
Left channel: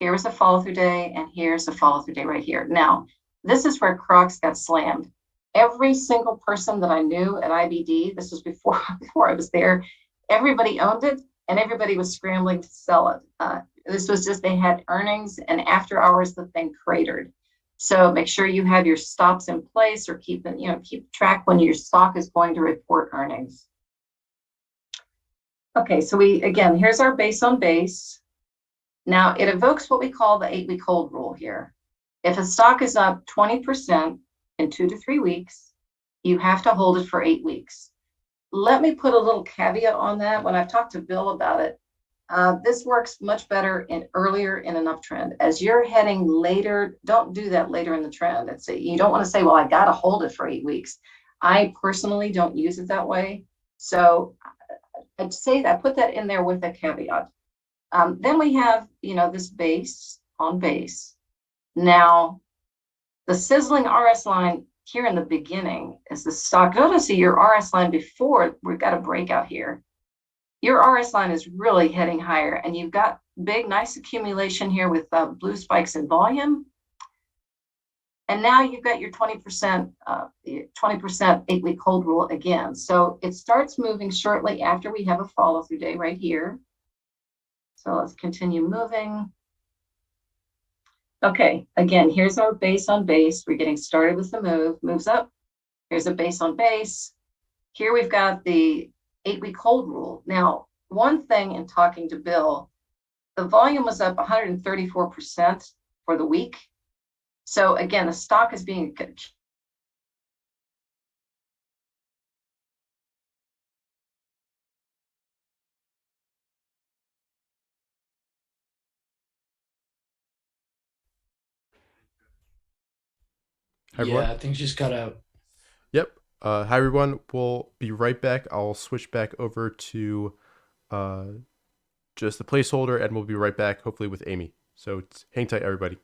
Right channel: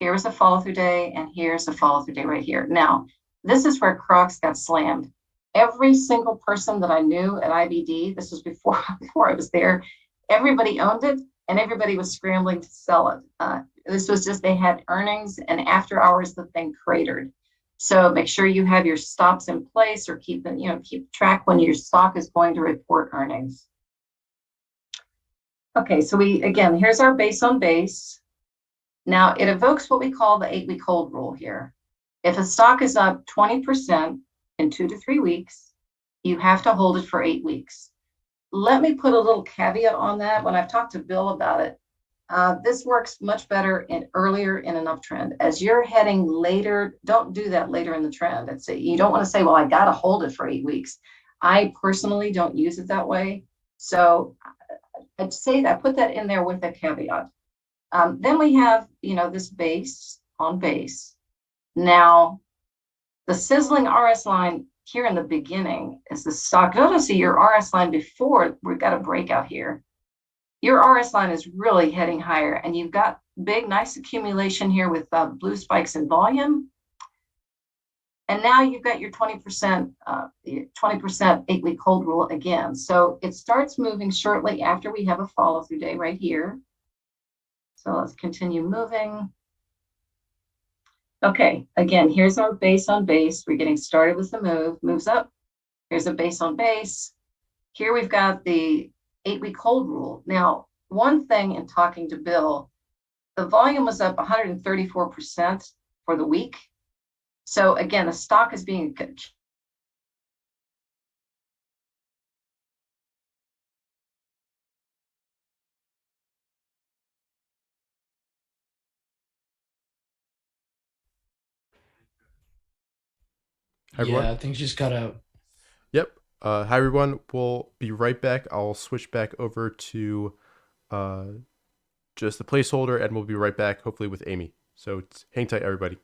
Here was a follow through day, and here's a follow through day right here. Now, this is where Crocs got slammed. Every single person that I knew at IBD, this was before I was there, everybody owned it and everybody was scrambling to sell it. This was just, they had earnings, and after hours, the thing cratered. So make sure you have your stops in place, or keep track when your stock is going to report earnings. Okay, so here's our base on base. Now it evokes what we call the 8-week hold rule here. If a stock is up 20% in 2 to 3 weeks, you have to hold it for 8 weeks. Let me put a little caveat on that. When I've talked to Bill about it, this works much better earlier in an uptrend. As you're heading later, don't do that later in the trend. You don't want to say, well, I got to hold it for 8 weeks. I personally don't use it that way. So I'd say that, put that in there with a caveat. Then we have, this base on base. Now, the sizzling RS line here in the beginning is the stock. Notice your RS line before we've got a breakout here. Your RS line is really heading higher, and you've got big, nice accumulation here with blue spikes in volume. And now you've got your 20% 8-week hold rule again. So it starts moving shortly after we have a follow through day right here. So let's continue moving. Okay, again, here's our base on base. We're getting started with the move. Moves up. Here's a base on base. Here we've got the 8-week hold rule. Now, one thing in talking to Bill, the volume was up 134% for the week. So again, the stock is being Hi, everyone. Yeah, things just cut out. Yep. Hi, everyone. We'll be right back. I'll switch back over to just the placeholder, and we'll be right back, hopefully with Amy. So hang tight, everybody.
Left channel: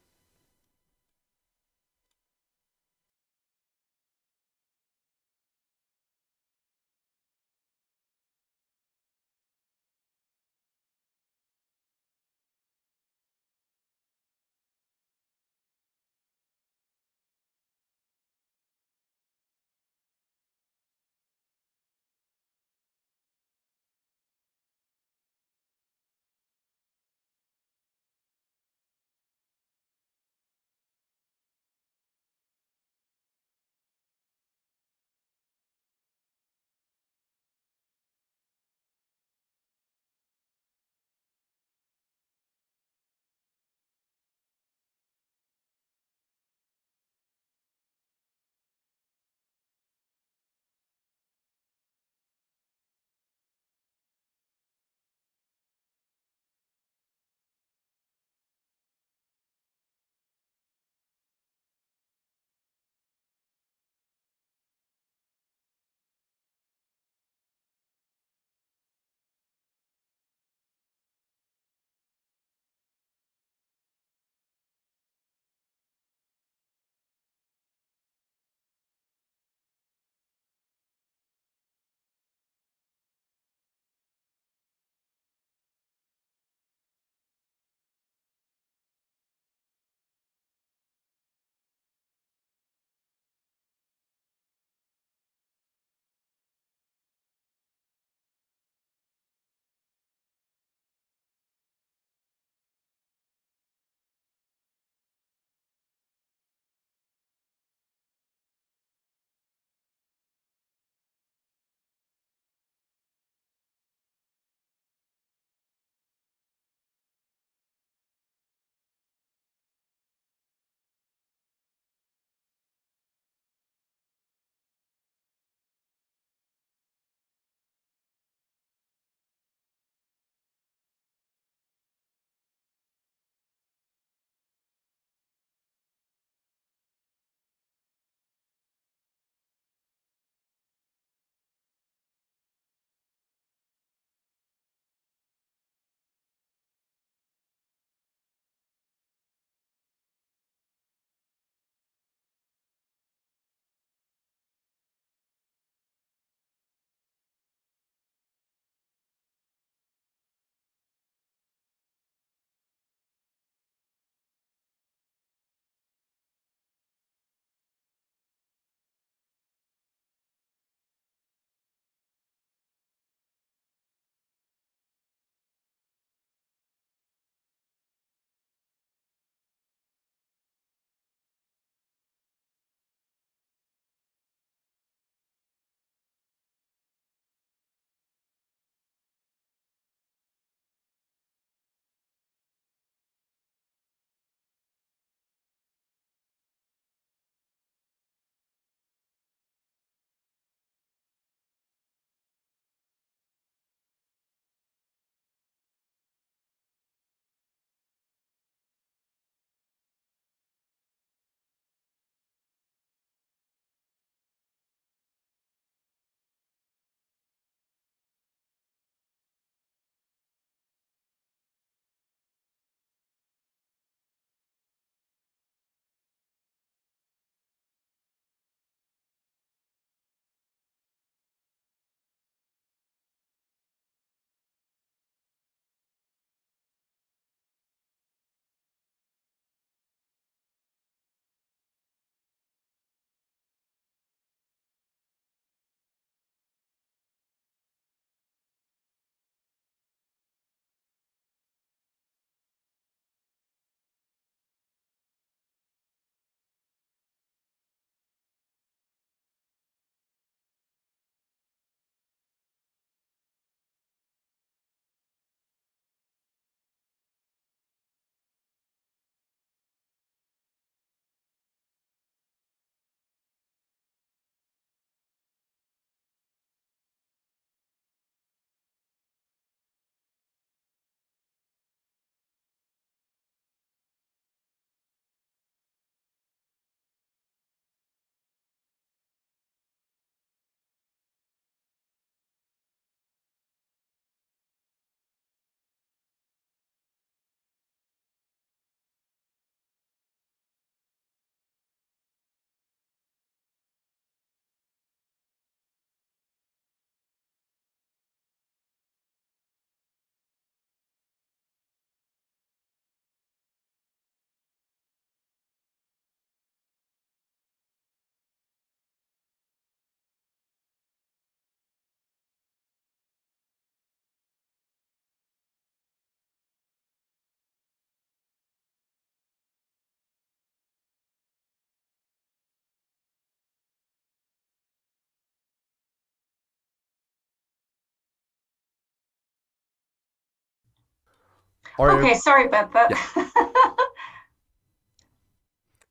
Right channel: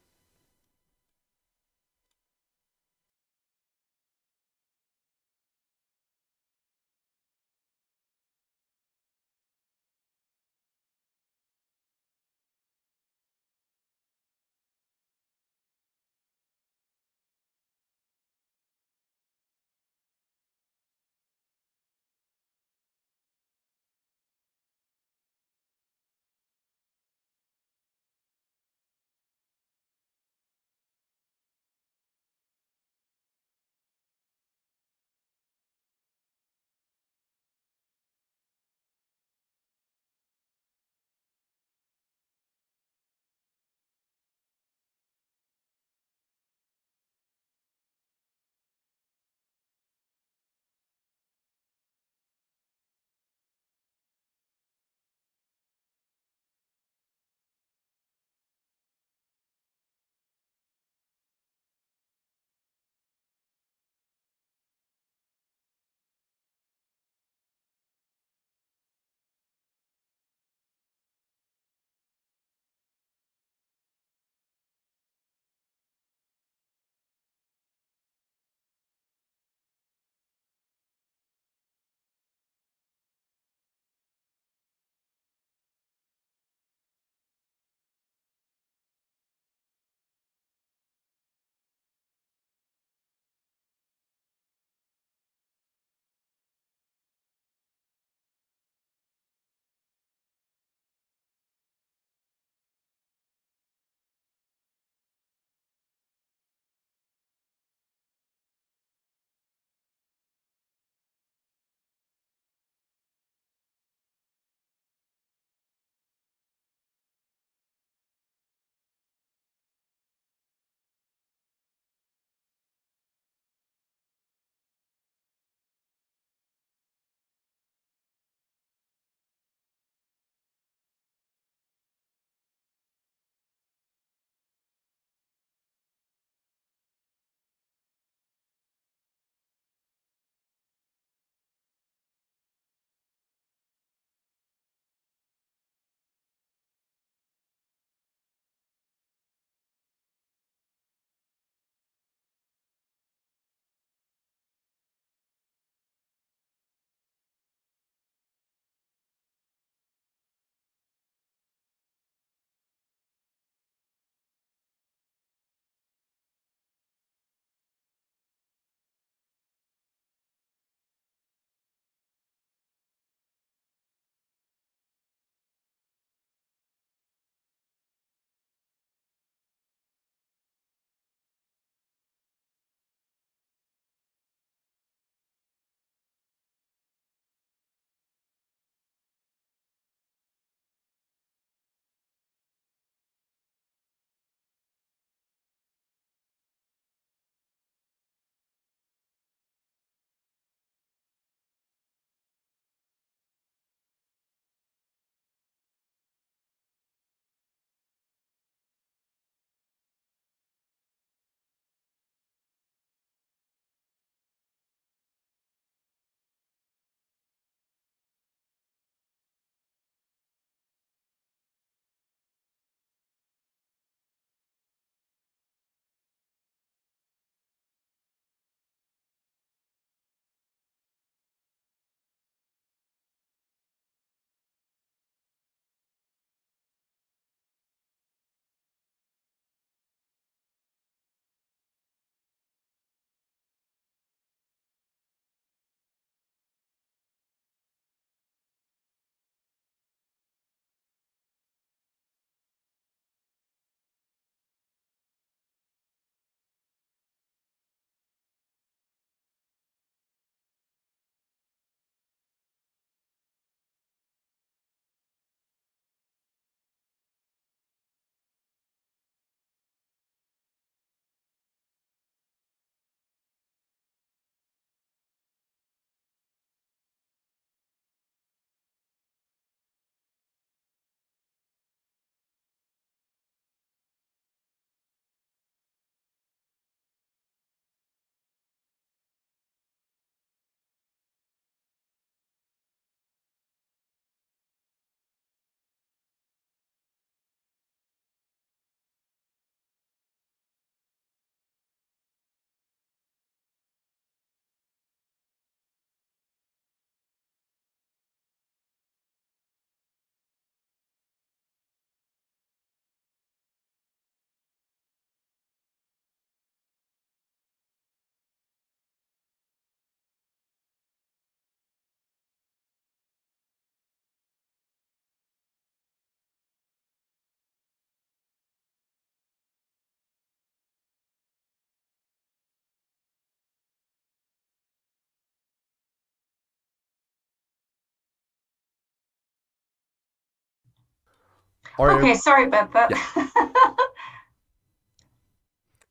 All right. Okay, sorry about that.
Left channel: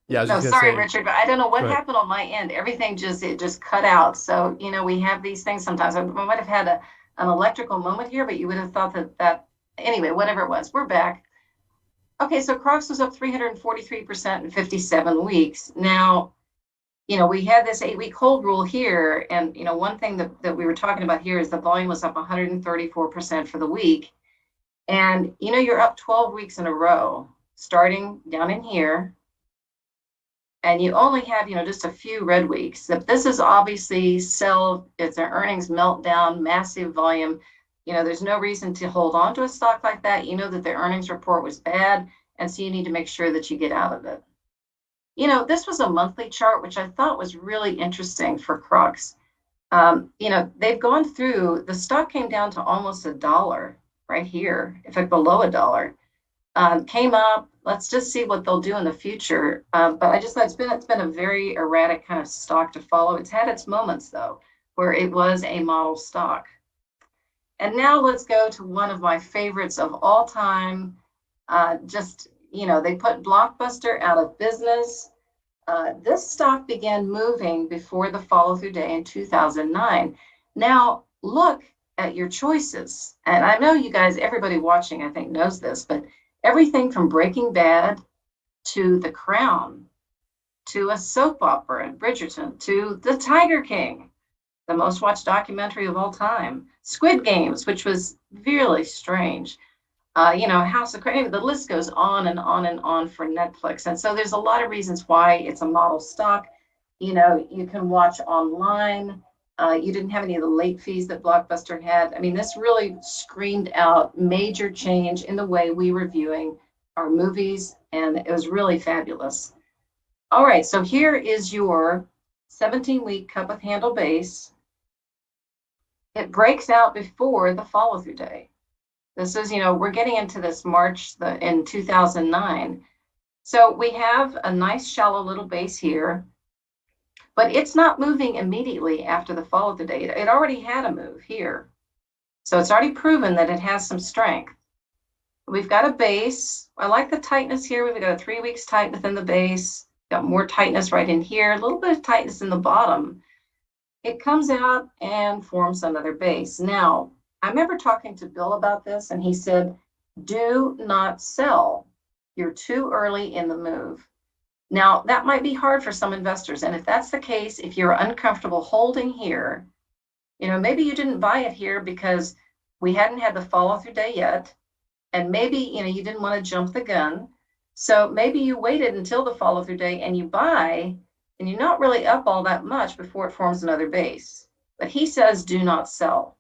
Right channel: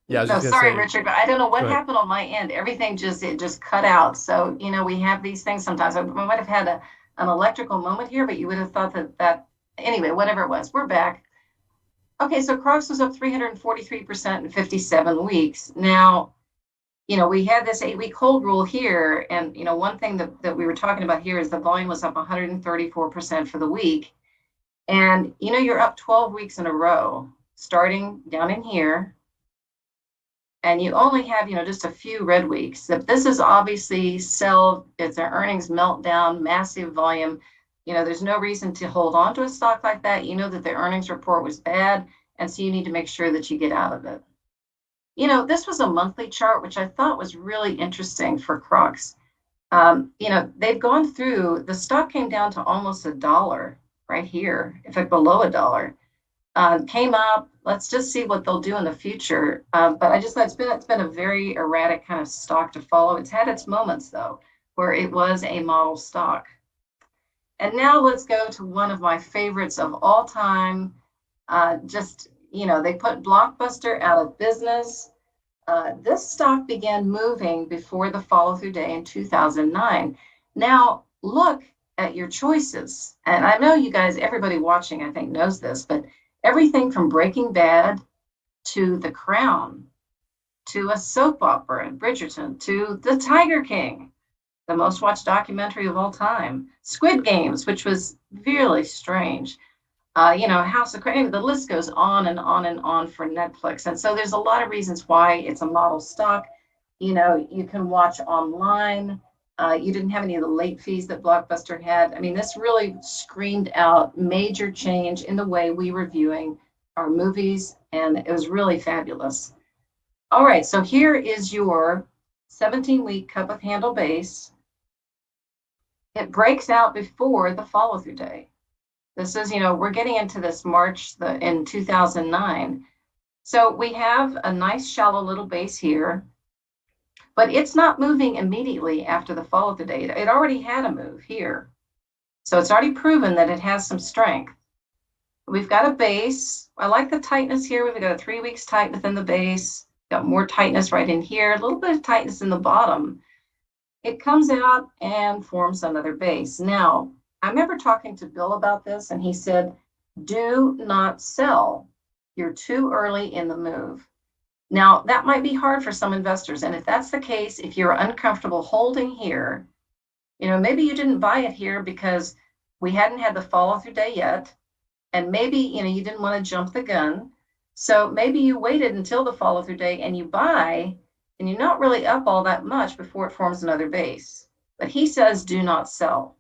Yeah, I was No, just gonna sorry, say. Richard, but I don't know what Go ahead. happened on my end. Everything just cut out. So, we have these things sometimes. I might have had an electrical moment here, but you would have thought that anyway, whatever it was, we're back. Okay, so Crocs was up 343% in 57 weeks. Now, we had this 8-week hold rule here. And, one thing that we were talking about here is the volume was up 134% for the week. And, you're up 12 weeks in a row, starting down in here. And you only have, just a few red weeks. This is obviously sell, it's an earnings meltdown, massive volume. There's no reason to hold on to a stock like that. You know that the earnings report was bad. And so you need to make sure that you get out of it. This was a monthly chart, which I thought was really interesting for Crocs. They've gone through, the stock came down to almost $1 right here, in fact, below $1. Came up. Let's just see what they'll do in the future. But I just thought it's been a very erratic kind of stock to follow. It's had its moments though, where it was a model stock. And now let's go to one of my favorites of all time. They put Blockbuster out of business. This stock began moving before the follow-through day in 2009. Now look at your choices. And I know you guys, everybody watching, I think knows this, but everything from Breaking Bad to The Crown, to a soap opera, Bridgerton, to The Tiger King, the most watched documentary of all time, Squid Games, which was really strange, House of Cards, the list goes on and on and on for Netflix. And so there's a lot of reasons why it's a model stock. You can watch online. You didn't have any of the late fees that Blockbuster had. I mean, this really screamed out major change in the way we were viewing our movies, and it was really fabulous. All right, so here is your 17-week cup of handle base. It breaks out before the follow-through day. This is, we're getting into this March in 2009. So we have a nice shallow little base here. But it's not moving immediately after the follow-through day. It already had a move here. So it's already proven that it has some strength. We've got a base. I like the tightness here. We've got a 3 weeks tight within the base. Got more tightness right in here. A little bit of tightness in the bottom. It comes out and forms another base. Now, I remember talking to Bill about this, and he said, do not sell. You're too early in the move. Now, that might be hard for some investors. And if that's the case, if you're uncomfortable holding here, maybe you didn't buy it here because we hadn't had the follow-through day yet. And maybe, you didn't want to jump the gun. So maybe you waited until the follow-through day and you buy, and you're not really up all that much before it forms another base. But he says, do not sell.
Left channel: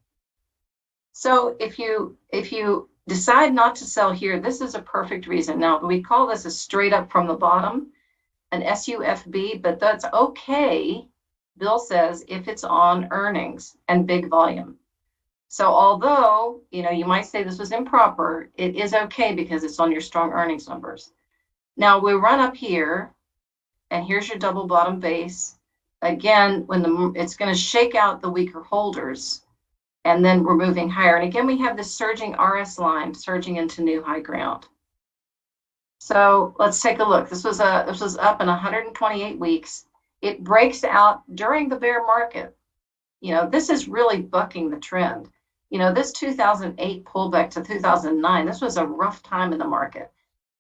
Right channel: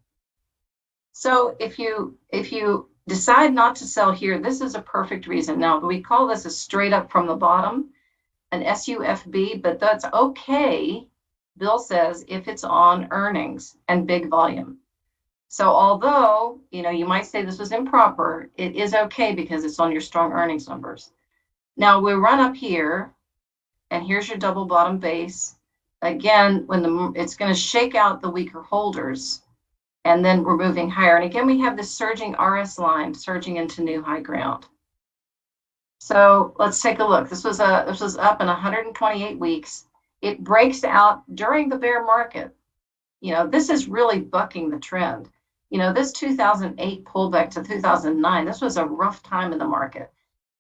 So if you decide not to sell here, this is a perfect reason. Now, we call this a straight up from the bottom, an SUFB, but that's okay, Bill says, if it's on earnings and big volume. So although, you might say this was improper, it is okay because it's on your strong earnings numbers. Now we run up here, and here's your double bottom base. Again, it's going to shake out the weaker holders, and then we're moving higher. And again, we have this surging RS line surging into new high ground. So let's take a look. This was up in 128 weeks. It breaks out during the bear market. This is really bucking the trend. This 2008 pullback to 2009, this was a rough time in the market.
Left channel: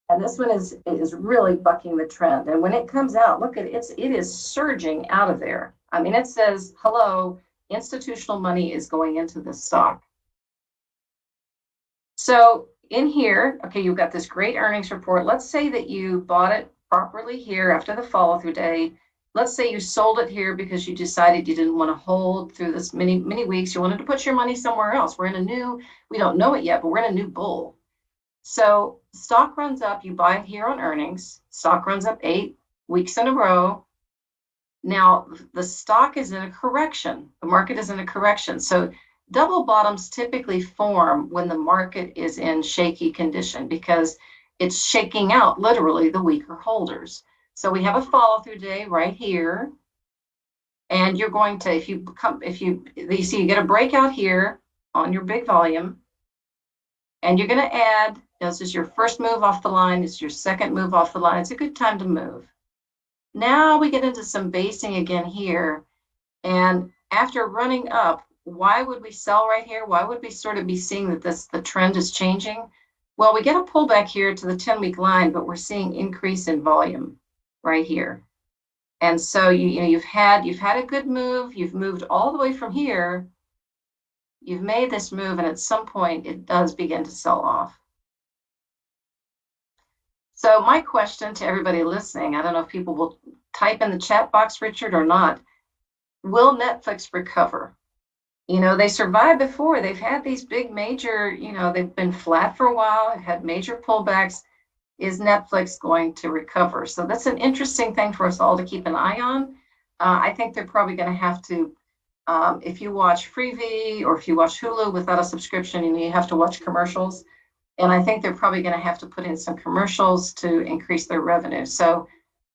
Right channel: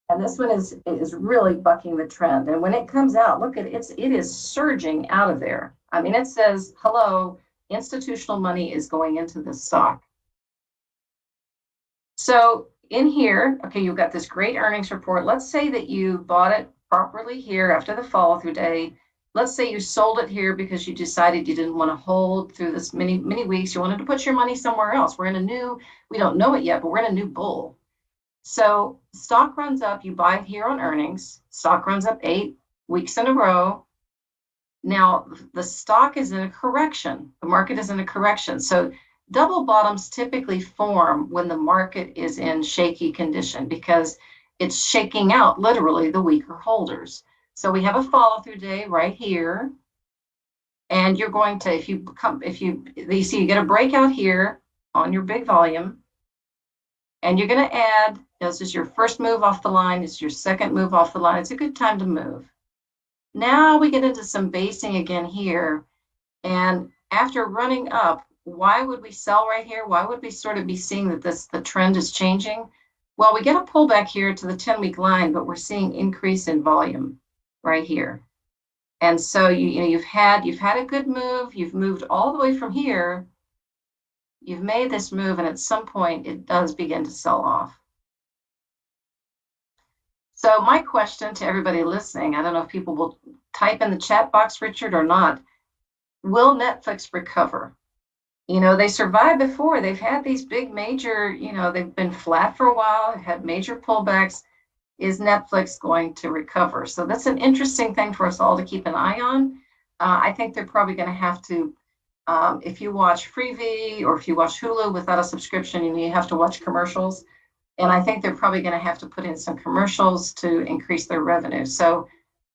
And this one is really bucking the trend. And when it comes out, look at it, it is surging out of there. I mean, it says, hello, institutional money is going into this stock. So in here, okay, you've got this great earnings report. Let's say that you bought it properly here after the follow-through day. Let's say you sold it here because you decided you didn't want to hold through this many weeks. You wanted to put your money somewhere else. We don't know it yet, but we're in a new bull. So stock runs up, you buy it here on earnings. Stock runs up 8 weeks in a row. Now the stock is in a correction. The market is in a correction. So double bottoms typically form when the market is in shaky condition because it's shaking out literally the weaker holders. So we have a follow-through day right here. And you're going to, you see you get a breakout here on your big volume, and you're going to add This is your first move off the line. This is your second move off the line. It's a good time to move. Now we get into some basing again here. And after running up, why would we sell right here? Why would we sort of be seeing that the trend is changing? Well, we get a pullback here to the 10-week line, but we're seeing increase in volume right here. And so you've had a good move. You've moved all the way from here. You've made this move, and at some point it does begin to sell off. So my question to everybody listening, I don't know if people will type in the chat box, Richard, or not. Will Netflix recover? They survived before. They've had these big major, they've been flat for a while, had major pullbacks. Is Netflix going to recover? So that's an interesting thing for us all to keep an eye on. I think they're probably going to have to, if you watch Freevee or if you watch Hulu without a subscription, you have to watch commercials. And I think they're probably going to have to put in some commercials to increase their revenue. So,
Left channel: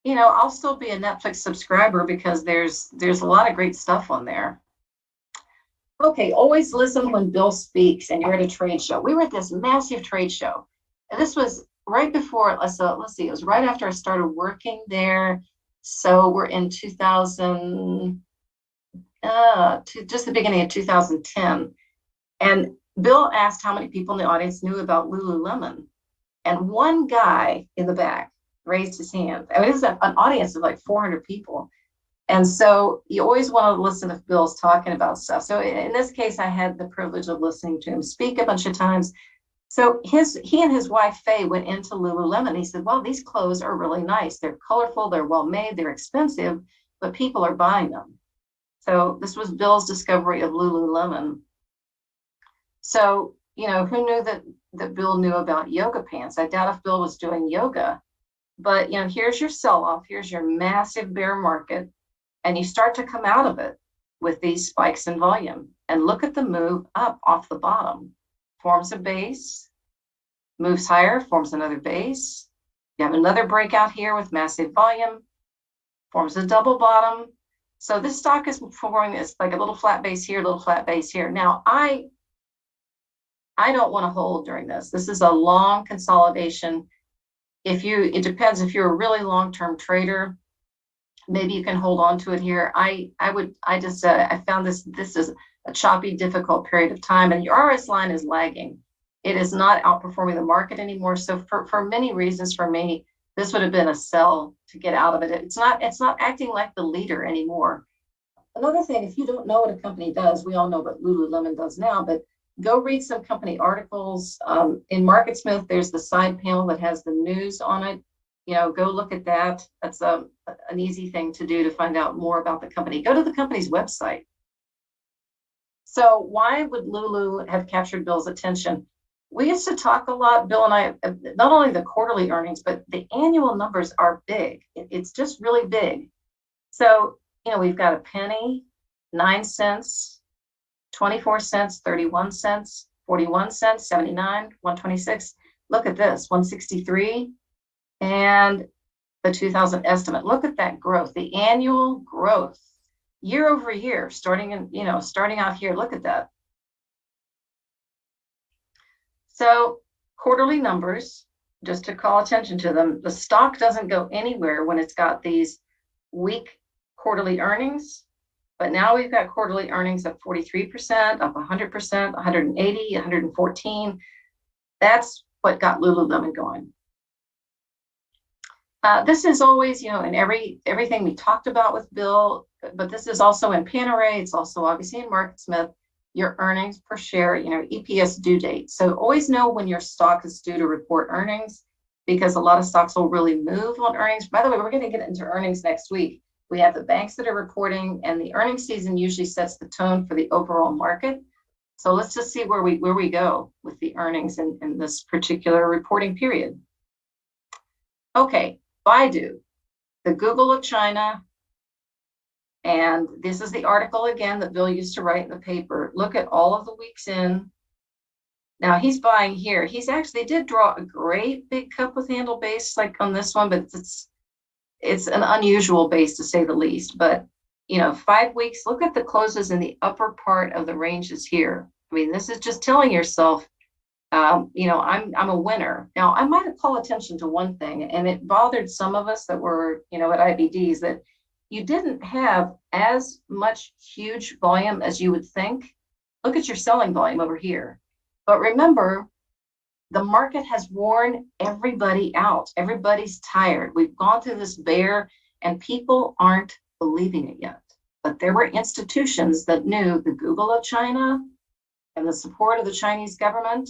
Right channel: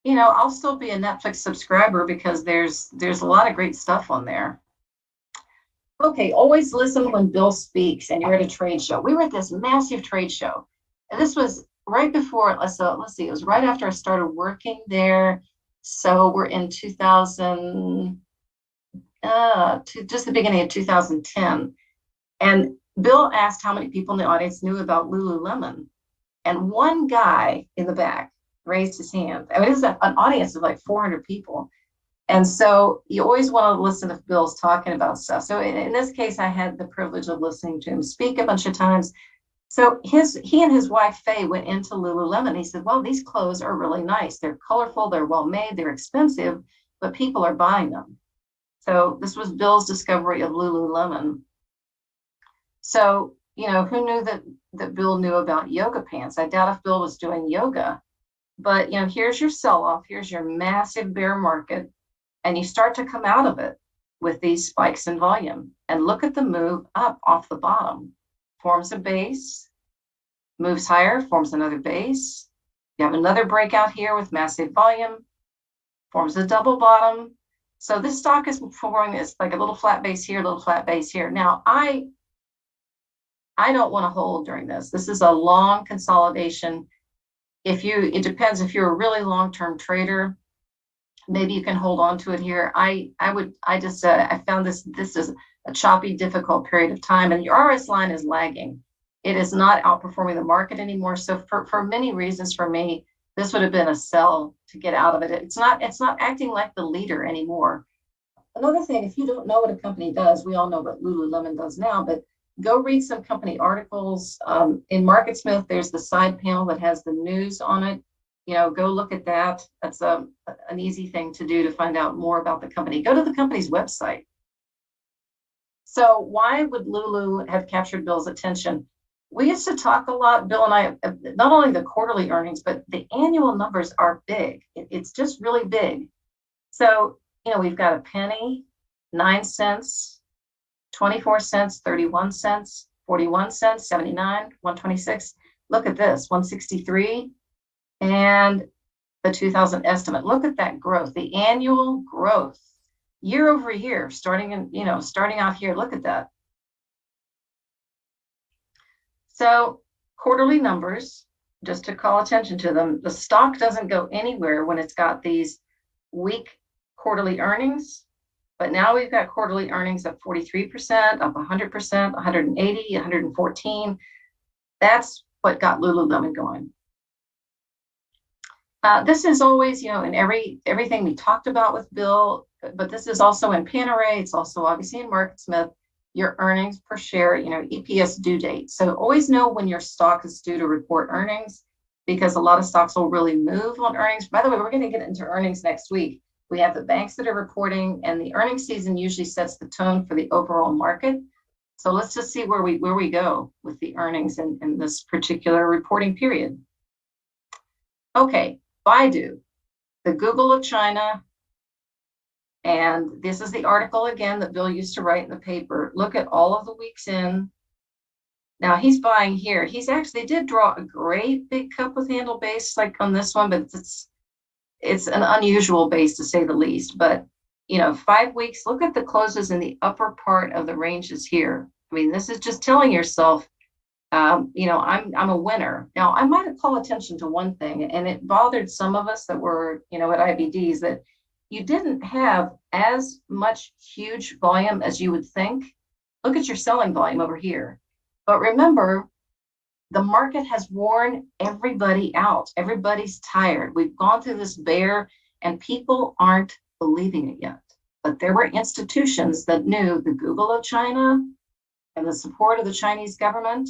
I'll still be a Netflix subscriber because there's a lot of great stuff on there. Okay, always listen when Bill speaks and you're at a trade show. We were at this massive trade show. And this was right before, let's see, it was right after I started working there. So we're in 2000, just the beginning of 2010. And Bill asked how many people in the audience knew about Lululemon. And one guy in the back raised his hand. I mean, it was an audience of like 400 people. And so you always want to listen if Bill's talking about stuff. So in this case, I had the privilege of listening to him speak a bunch of times. So he and his wife, Faye, went into Lululemon. He said, well, these clothes are really nice. They're colorful, they're well made, they're expensive, but people are buying them. So this was Bill's discovery of Lululemon. So, who knew that Bill knew about yoga pants? I doubt if Bill was doing yoga. But, here's your sell-off. Here's your massive bear market. And you start to come out of it with these spikes in volume. And look at the move up off the bottom. Forms a base, moves higher, forms another base. You have another breakout here with massive volume, forms a double bottom. So this stock is forming this like a little flat base here, a little flat base here. Now, I don't want to hold during this. This is a long consolidation. It depends if you're a really long-term trader, maybe you can hold on to it here. I found this is a choppy, difficult period of time, and your RS line is lagging. It is not outperforming the market anymore. So for many reasons, for me, this would have been a sell to get out of it. It's not acting like the leader anymore. Another thing, if you don't know what a company does, we all know what Lululemon does now, but go read some company articles. In MarketSmith, there's the side panel that has the news on it. Go look at that. That's an easy thing to do to find out more about the company. Go to the company's website. So why would Lulu have captured Bill's attention? We used to talk a lot, Bill and I, not only the quarterly earnings, but the annual numbers are big. It's just really big. So, we've got a penny, 9 cents, 24 cents, 31 cents, 41 cents, 79, 126. Look at this, 163. And the 2000 estimate. Look at that growth, the annual growth year over year, starting out here. Look at that. So quarterly numbers, just to call attention to them, the stock doesn't go anywhere when it's got these weak quarterly earnings. But now we've got quarterly earnings up 43%, up 100%, 180, 114. That's what got Lululemon going. This is always, in everything we talked about with Bill, but this is also in Panerai. It's also obviously in MarketSmith, your earnings per share, EPS due date. So always know when your stock is due to report earnings, because a lot of stocks will really move on earnings. By the way, we're going to get into earnings next week. We have the banks that are reporting, and the earnings season usually sets the tone for the overall market. So let's just see where we go with the earnings in this particular reporting period. Okay, Baidu, the Google of China. And this is the article again that Bill used to write in the paper. Look at all of the weeks in. Now he's buying here. They did draw a great big cup with handle base like on this one, but it's an unusual base to say the least. But 5 weeks, look at the closes in the upper part of the ranges here. I mean, this is just telling yourself I'm a winner. Now, I might have called attention to one thing, and it bothered some of us that were, at IBDs, that you didn't have as much huge volume as you would think. Look at your selling volume over here. But remember, the market has worn everybody out. Everybody's tired. We've gone through this bear, and people aren't believing it yet. But there were institutions that knew the Google of China and the support of the Chinese government,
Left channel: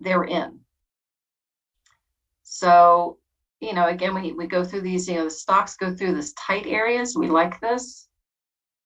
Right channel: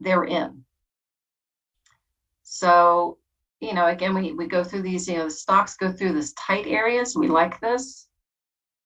they're in. So, again, we go through these, the stocks go through this tight areas. We like this.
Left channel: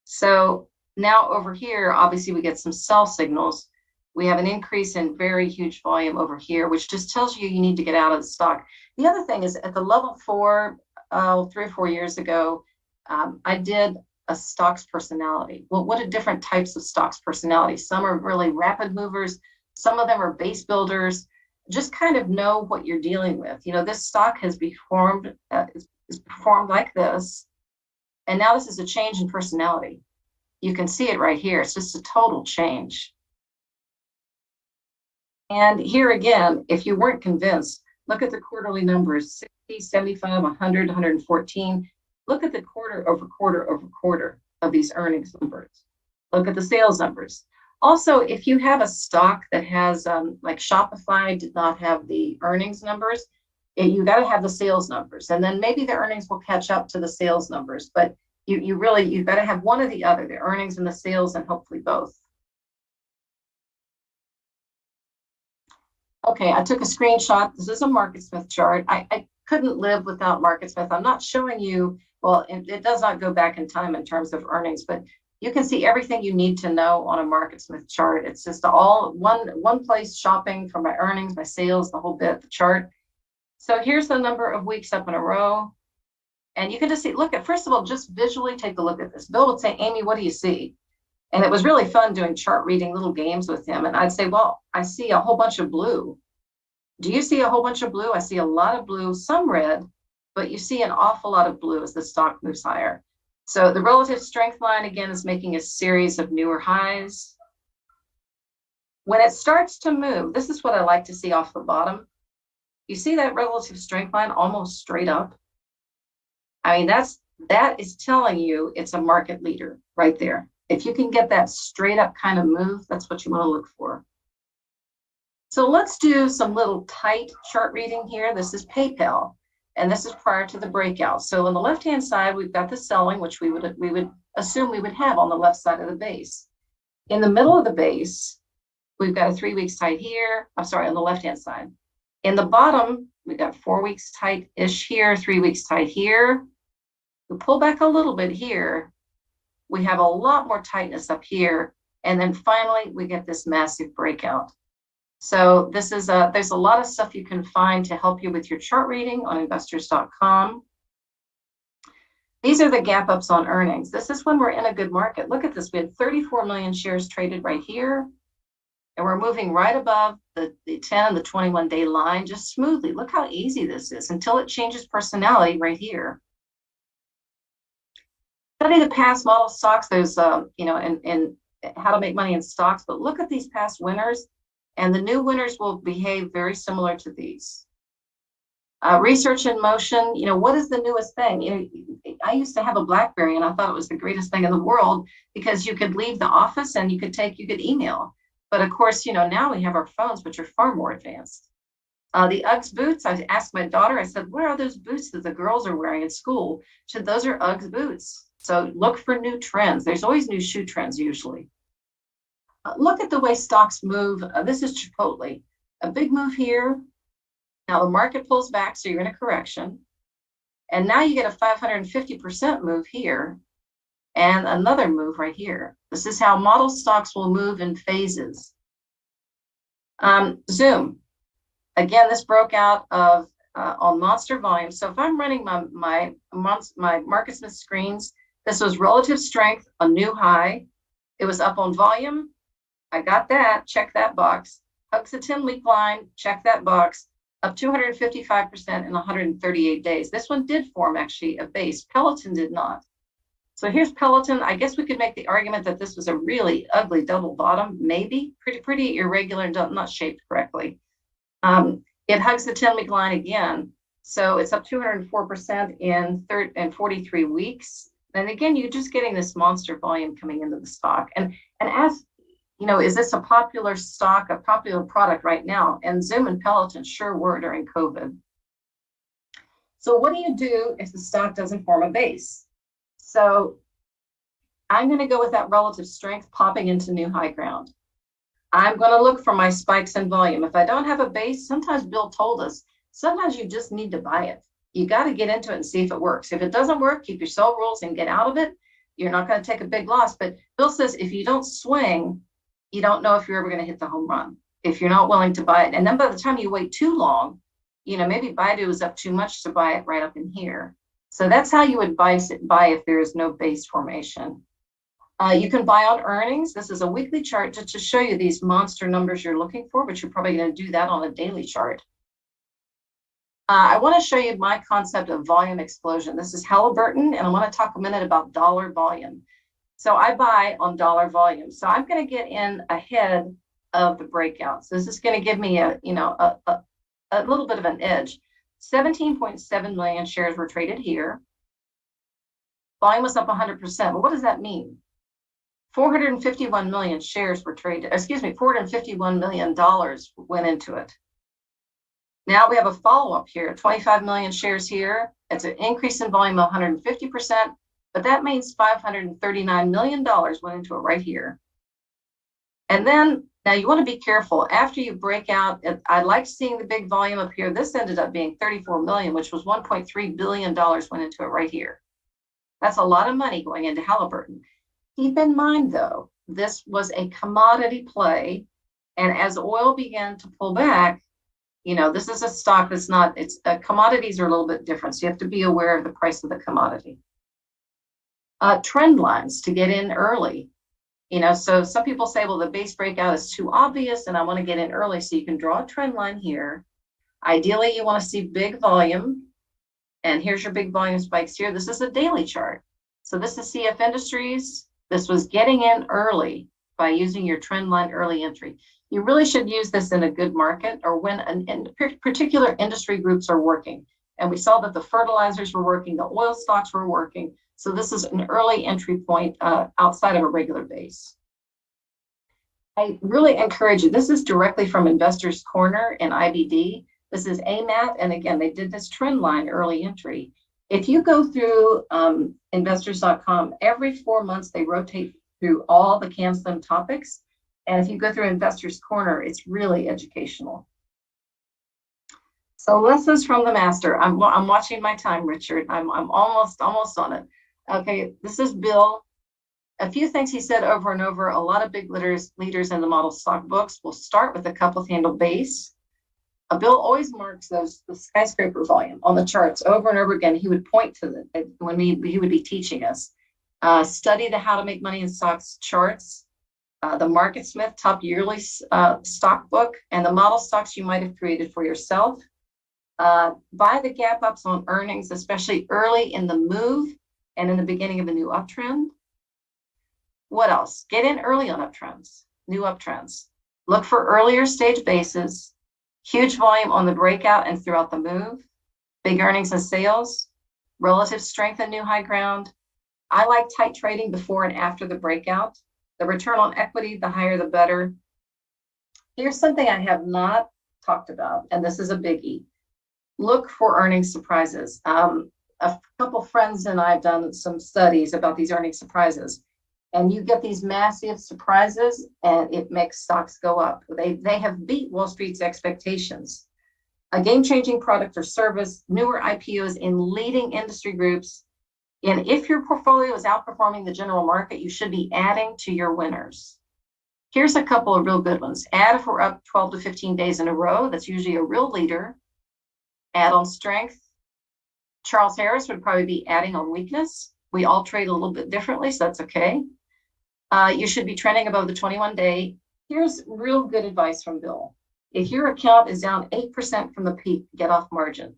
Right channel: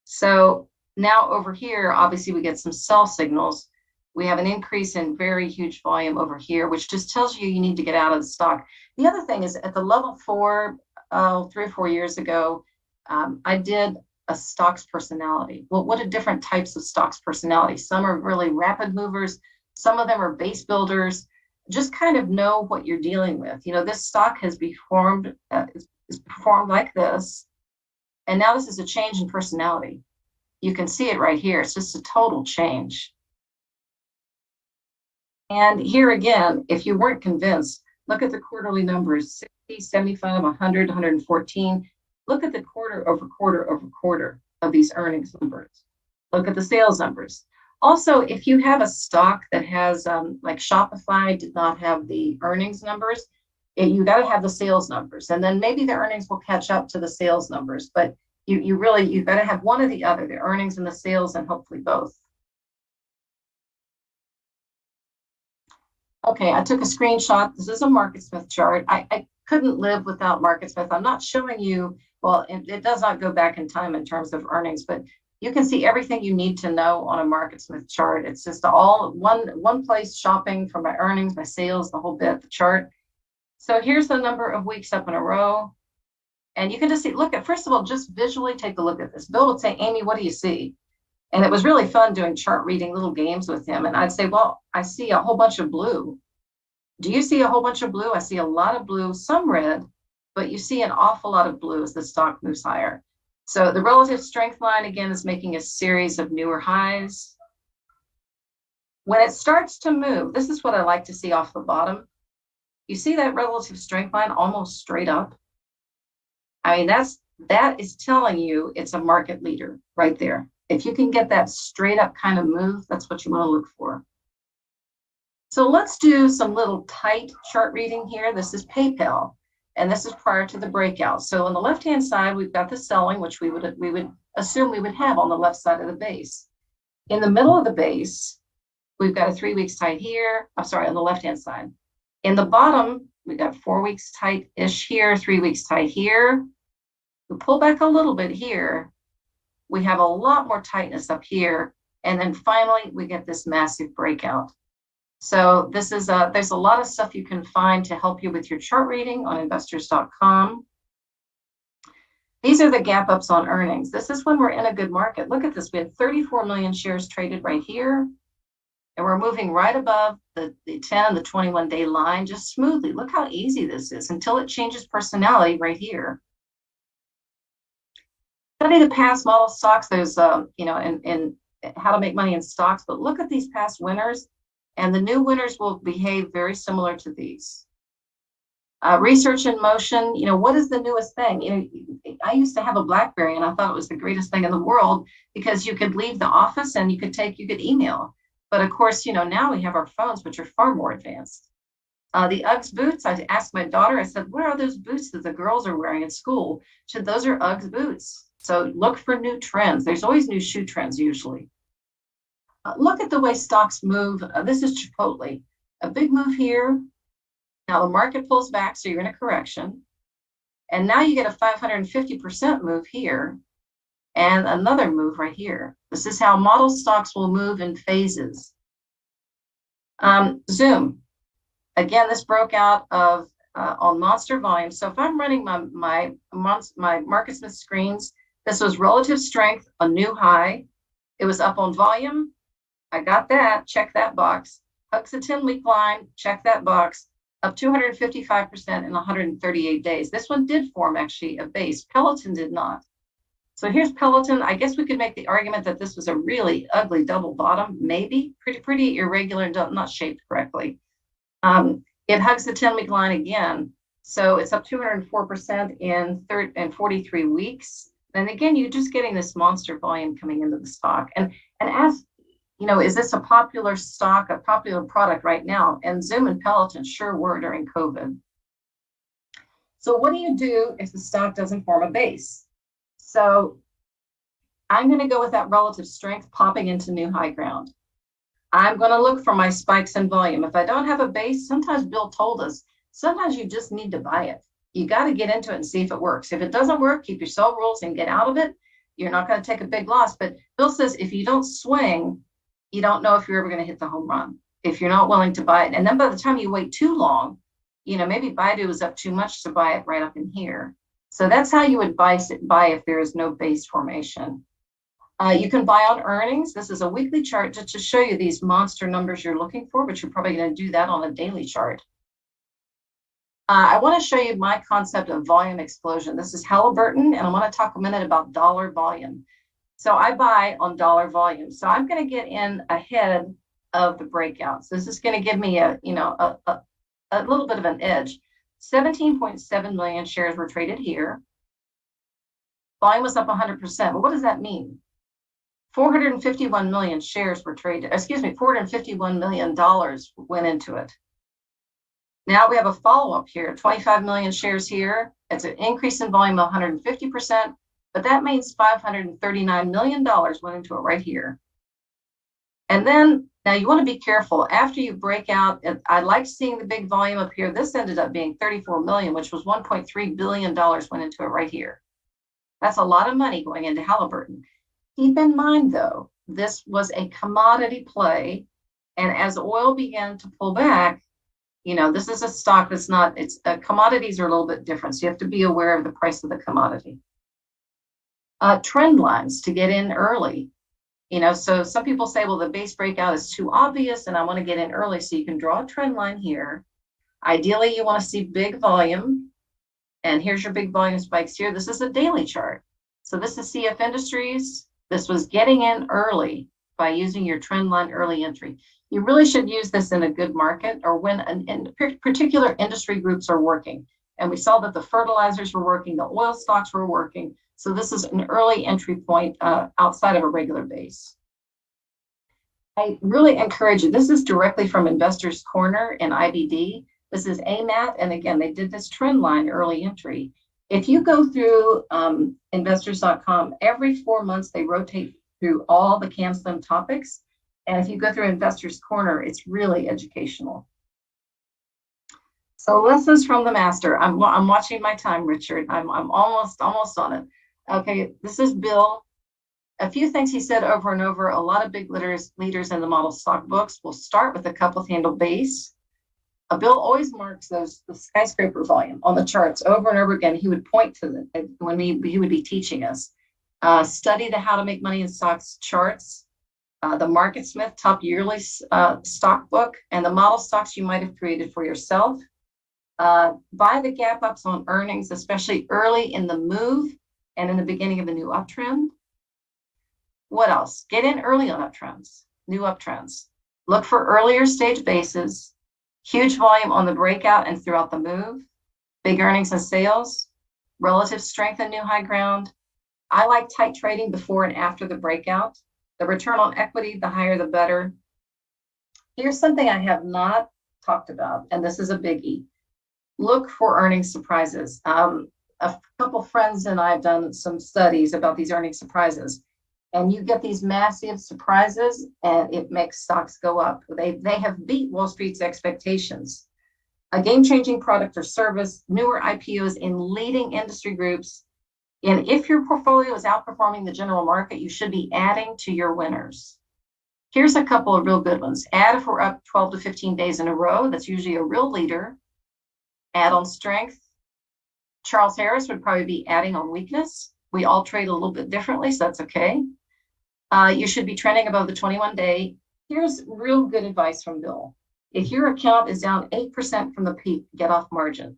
So now over here, obviously we get some sell signals. We have an increase in very huge volume over here, which just tells you need to get out of the stock. The other thing is at the level 4, 3 or 4 years ago, I did a stocks personality. Well, what are different types of stocks personality? Some are really rapid movers. Some of them are base builders. Just kind of know what you're dealing with. This stock has performed like this. And now this is a change in personality. You can see it right here. It's just a total change. And here again, if you weren't convinced, look at the quarterly numbers, 60, 75, 100, 114. Look at the quarter over quarter over quarter of these earnings numbers. Look at the sales numbers. Also, if you have a stock that has, like Shopify did not have the earnings numbers, you got to have the sales numbers. And then maybe the earnings will catch up to the sales numbers. But you've got to have one or the other, the earnings and the sales, and hopefully both. Okay, I took a screenshot. This is a MarketSmith chart. I couldn't live without MarketSmith. I'm not showing you, well, it does not go back in time in terms of earnings, but you can see everything you need to know on a MarketSmith chart. It's just all one place, shopping for my earnings, my sales, the whole bit, the chart. So here's the number of weeks up in a row. And you can just see, first of all, just visually take a look at this. Bill would say, Amy, what do you see? And it was really fun doing chart reading, little games with him. And I'd say, well, I see a whole bunch of blue. Do you see a whole bunch of blue? I see a lot of blue, some red, but you see an awful lot of blue as the stock moves higher. So the relative strength line, again, is making a series of newer highs. When it starts to move, this is what I like to see off the bottom. You see that relative strength line almost straight up? I mean, that is telling you it's a market leader right there. If you can get that straight up kind of move, that's what you want to look for. So let's do some little tight chart reading here. This is PayPal, and this is prior to the breakout. So on the left-hand side, we've got the selling, which we would assume we would have on the left side of the base. In the middle of the base, we've got a 3 weeks tight here. I'm sorry, on the left-hand side. In the bottom, we've got 4 weeks tight-ish here, 3 weeks tight here. We pull back a little bit here. We have a lot more tightness up here. And then finally, we get this massive breakout. So this is there's a lot of stuff you can find to help you with your chart reading on investors.com. These are the gap ups on earnings. This is when we're in a good market. Look at this. We had 34 million shares traded right here. And we're moving right above the 10 and the 21-day line just smoothly. Look how easy this is until it changes personality right here. Study the past model stocks. There's, in how to make money in stocks. But look at these past winners. And the new winners will behave very similar to these. Research in motion, what is the newest thing? I used to have a BlackBerry and I thought it was the greatest thing in the world because you could leave the office and you could email. But of course, now we have our phones, which are far more advanced. The Uggs boots, I asked my daughter, I said, what are those boots that the girls are wearing at school? She said, those are Uggs boots. So look for new trends. There's always new shoe trends usually. Look at the way stocks move. This is Chipotle. A big move here. Now the market pulls back, so you're in a correction. And now you get a 550% move here and another move right here. This is how model stocks will move in phases. Zoom. Again, this broke out of on monster volume. So if I'm running my MarketSmith screens, this was relative strength, a new high. It was up on volume. I got that, check that box. Hooks a 10-week line, check that box. Up 255% in 138 days. This one did form actually a base. Peloton did not. So here's Peloton. I guess we could make the argument that this was a really ugly double bottom, maybe. Pretty irregular and not shaped correctly. It hugs the 10-week line again. So it's up 204% in 43 weeks. And again, you're just getting this monster volume coming into the stock. And as you know, is this a popular stock, a popular product right now? And Zoom and Peloton sure were during COVID. So what do you do if the stock doesn't form a base? So I'm going to go with that relative strength popping into new high ground. I'm going to look for my spikes in volume. If I don't have a base, sometimes Bill told us, sometimes you just need to buy it. You got to get into it and see if it works. If it doesn't work, keep your sell rules and get out of it. You're not going to take a big loss. But Bill says if you don't swing, you don't know if you're ever going to hit the home run, if you're not willing to buy it. And then by the time you wait too long, you know, maybe Baidu is up too much to buy it right up in here. So that's how you would buy if there is no base formation. You can buy on earnings. This is a weekly chart just to show you these monster numbers you're looking for, but you're probably going to do that on a daily chart. I want to show you my concept of volume explosion. This is Halliburton, and I want to talk a minute about dollar volume. So I buy on dollar volume. So I'm going to get in ahead of the breakout. So this is going to give me a little bit of an edge. 17.7 million shares were traded here. Volume was up 100%. But what does that mean? 451 million shares were traded. $451 million went into it. Now we have a follow-up here, 25 million shares here. It's an increase in volume of 150%, but that means $539 million went into it right here. And then, now you want to be careful. After you break out, I like seeing the big volume up here. This ended up being 34 million, which was $1.3 billion went into it right here. That's a lot of money going into Halliburton. Keep in mind, though, this was a commodity play. And as oil began to pull back, you know, this is a stock that's not, commodities are a little bit different. So you have to be aware of the price of the commodity. Trend lines to get in early. You know, so some people say, well, the base breakout is too obvious and I want to get in early. So you can draw a trend line here. Ideally, you want to see big volume. And here's your big volume spikes here. This is a daily chart. So this is CF Industries. This was getting in early by using your trend line early entry. You really should use this in a good market or when particular industry groups are working. And we saw that the fertilizers were working, the oil stocks were working. So this is an early entry point outside of a regular base. I really encourage you. This is directly from Investors Corner in IBD. This is AMAT. And again, they did this trend line early entry. If you go through investors.com, every 4 months, they rotate through all the CanSlim topics. And if you go through Investors Corner, it's really educational. So lessons from the master. I'm watching my time, Richard. I'm almost on it. Okay, this is Bill. A few things he said over and over. A lot of big leaders in the model stock books will start with a couple handle base. Bill always marks the skyscraper volume on the charts over and over again. He would point to it when he would be teaching us. Study the How to Make Money in Stocks charts. The MarketSmith top yearly stock book, and the model stocks you might have created for yourself. Buy the gap ups on earnings, especially early in the move and in the beginning of a new uptrend. What else? Get in early on uptrends, new uptrends. Look for earlier stage bases, huge volume on the breakout and throughout the move, big earnings and sales, relative strength and new high ground. I like tight trading before and after the breakout. The return on equity, the higher the better. Here's something I have not talked about, and this is a biggie. Look for earnings surprises. A couple friends and I have done some studies about these earnings surprises, and you get these massive surprises, and it makes stocks go up. They have beat Wall Street's expectations. A game-changing product or service, newer IPOs in leading industry groups. And if your portfolio is outperforming the general market, you should be adding to your winners. Here's a couple of real good ones. Add if we're up 12 to 15 days in a row. That's usually a real leader. Add on strength. Charles Harris would probably be adding on weakness. We all trade a little bit differently, so that's okay. You should be trending above the 21-day. Here's real good advice from Bill. If your account is down 8% from the peak, get off margin.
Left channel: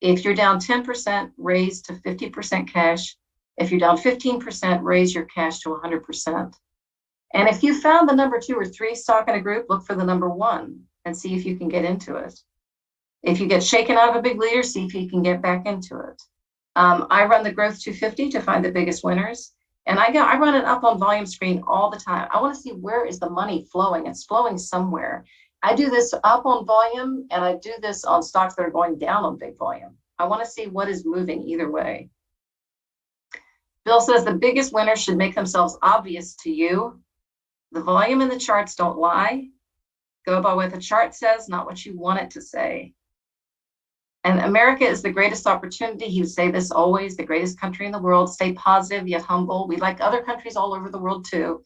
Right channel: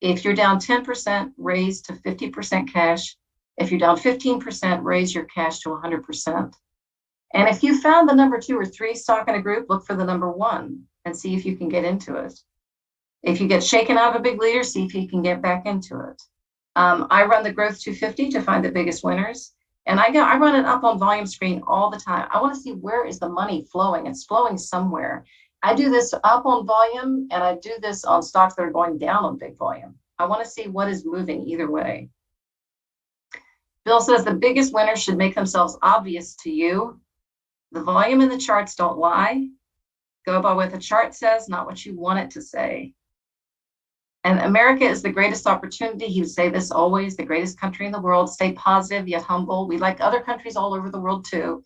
If you're down 10%, raise to 50% cash. If you're down 15%, raise your cash to 100%. And if you found the number 2 or 3 stock in a group, look for the number 1. and see if you can get into it. If you get shaken out of a big leader, see if you can get back into it. I run the Growth 250 to find the biggest winners. And I run it up on volume screen all the time. I want to see where is the money flowing. It's flowing somewhere. I do this up on volume, and I do this on stocks that are going down on big volume. I want to see what is moving either way. Bill says the biggest winners should make themselves obvious to you. The volume and the charts don't lie. Go by what the chart says, not what you want it to say. And America is the greatest opportunity. He would say this always, the greatest country in the world. Stay positive yet humble. We like other countries all over the world too.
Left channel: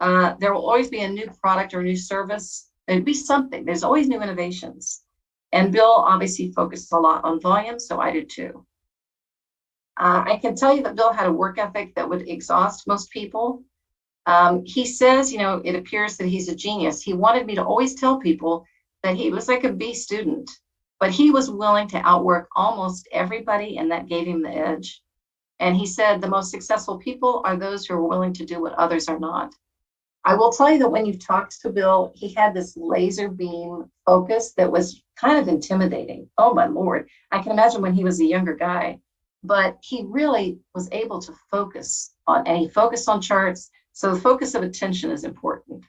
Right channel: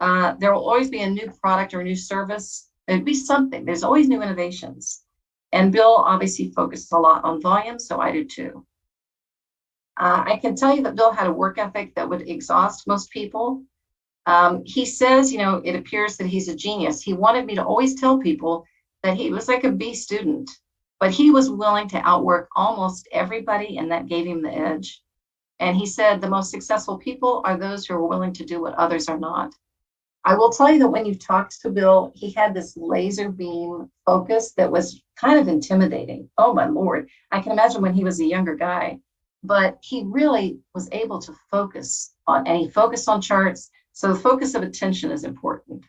There will always be a new product or new service. There'd be something. There's always new innovations. And Bill obviously focused a lot on volume, so I do too. I can tell you that Bill had a work ethic that would exhaust most people. He says, it appears that he's a genius. He wanted me to always tell people that he was like a B student, but he was willing to outwork almost everybody, and that gave him the edge. And he said the most successful people are those who are willing to do what others are not. I will tell you that when you talked to Bill, he had this laser beam focus that was kind of intimidating. Oh my Lord. I can imagine when he was a younger guy, but he really was able to focus on, and he focused on charts. So the focus of attention is important.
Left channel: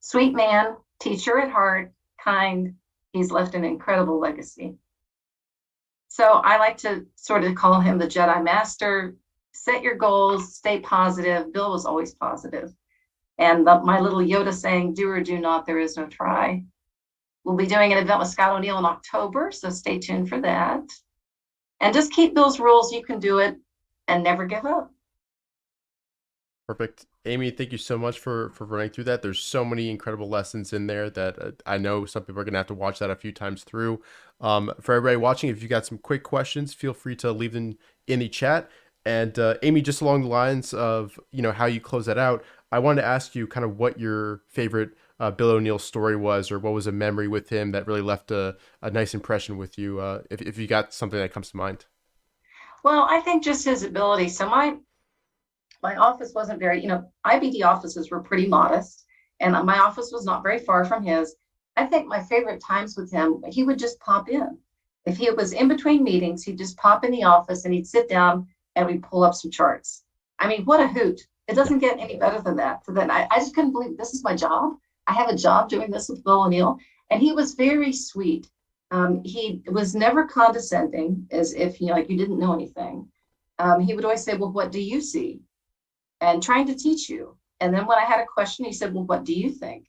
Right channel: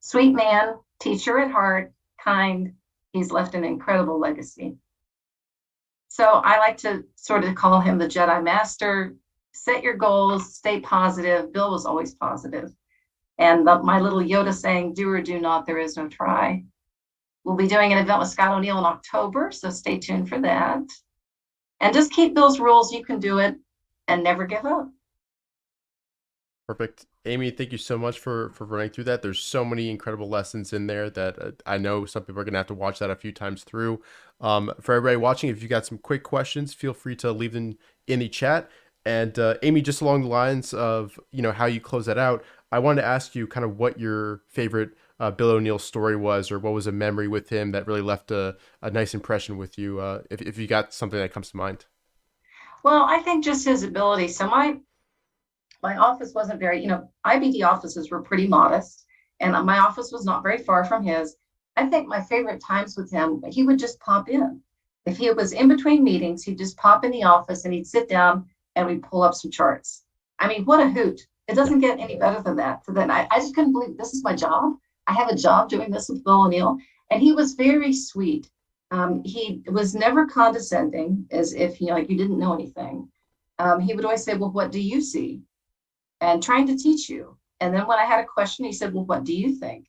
Sweet man, teacher at heart, kind. He's left an incredible legacy. So I like to sort of call him the Jedi Master. Set your goals, stay positive. Bill was always positive. And my little Yoda saying, do or do not, there is no try. We'll be doing an event with Scott O'Neill in October, so stay tuned for that. And just keep Bill's rules. You can do it and never give up. Perfect. Amy, thank you so much for running through that. There's so many incredible lessons in there that I know some people are going to have to watch that a few times through. For everybody watching, if you got some quick questions, feel free to leave them in the chat. And Amy, just along the lines of, how you close that out, I wanted to ask you kind of what your favorite Bill O'Neill story was, or what was a memory with him that really left a nice impression with you, if you got something that comes to mind. Well, I think just his ability. So my office wasn't very, IBD offices were pretty modest, and my office was not very far from his. I think my favorite times with him, he would just pop in. If he was in between meetings, he'd just pop in the office and he'd sit down and we'd pull up some charts. I mean, what a hoot. It doesn't get any better than that. So then I just couldn't believe this is my job. I have a job doing this with Bill O'Neill. And he was very sweet. He was never condescending, as if, you didn't know anything. He would always say, well, what do you see? And trying to teach you. And then when I had a question, he said, well, what do you think?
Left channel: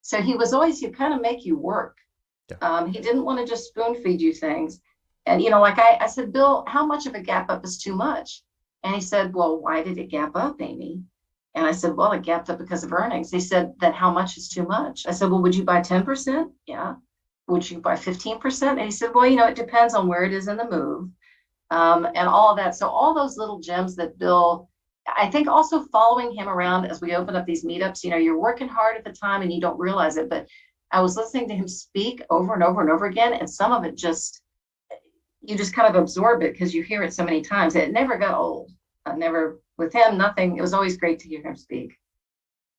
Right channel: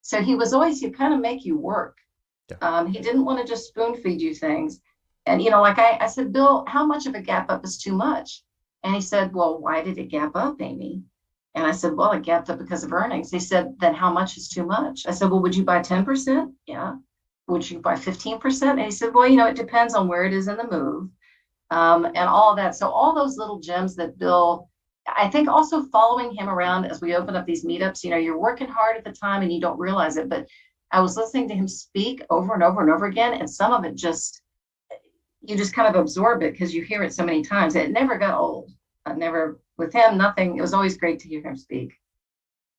So he was always, he'd kind of make you work. Yeah. He didn't want to just spoon feed you things. And, like I said, Bill, how much of a gap up is too much? And he said, well, why did it gap up, Amy? And I said, well, it gapped up because of earnings. He said, then how much is too much? I said, well, would you buy 10%? Yeah. Would you buy 15%? And he said, well, it depends on where it is in the move, and all of that. So all those little gems that Bill, I think also following him around as we open up these meetups, you're working hard at the time and you don't realize it, but I was listening to him speak over and over and over again. And some of it you just kind of absorb it because you hear it so many times. It never got old. With him, nothing. It was always great to hear him speak.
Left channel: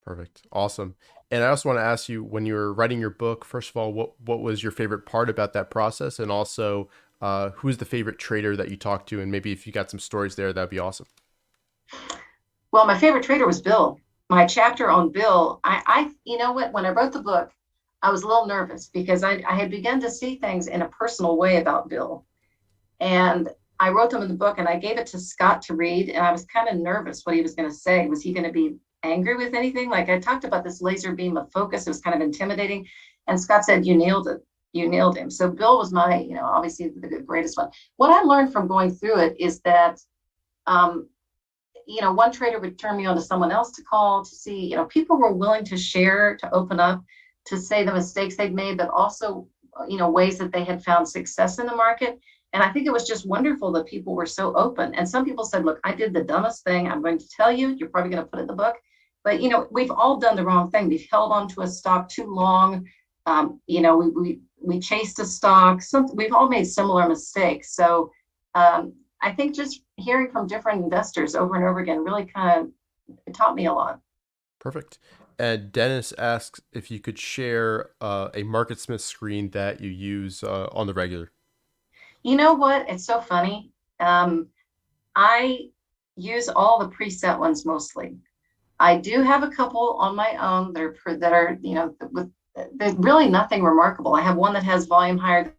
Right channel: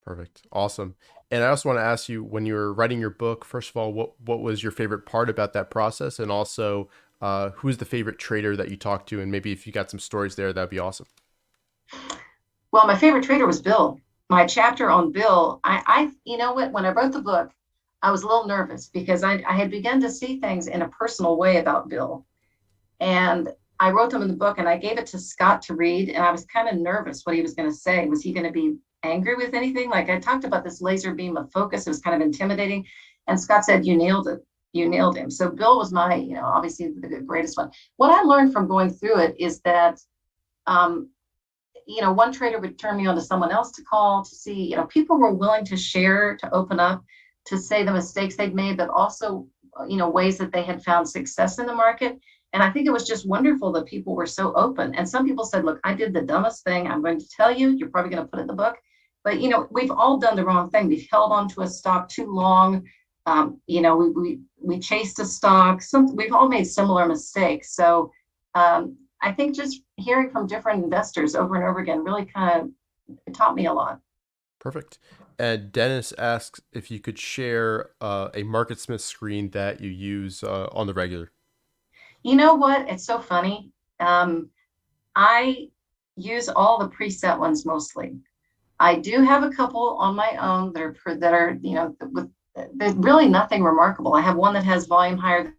Perfect. Awesome. And I also want to ask you, when you were writing your book, first of all, what was your favorite part about that process? And also, who's the favorite trader that you talked to? And maybe if you got some stories there, that'd be awesome. Well, my favorite trader was Bill. My chapter on Bill, I when I wrote the book, I was a little nervous because I had begun to see things in a personal way about Bill. And I wrote them in the book and I gave it to Scott to read. And I was kind of nervous what he was going to say. Was he going to be angry with anything? Like I talked about this laser beam of focus. It was kind of intimidating. And Scott said, you nailed it. You nailed him. So Bill was my, obviously the greatest one. What I learned from going through it is that, one trader would turn me on to someone else to call to see, people were willing to share, to open up, to say the mistakes they'd made, but also, ways that they had found success in the market. And I think it was just wonderful that people were so open. And some people said, look, I did the dumbest thing. I'm going to tell you, you're probably going to put it in the book. But, we've all done the wrong thing. We've held on to a stock too long. We chased a stock. We've all made similar mistakes. So I think just hearing from different investors over and over again really kind of taught me a lot. Perfect. And Dennis asks if you could share a MarketSmith screen that you use on the regular. You know what? It's so funny. I use all the preset ones mostly. I do have a couple on my own that are with there's really nothing remarkable. I have one that has volume higher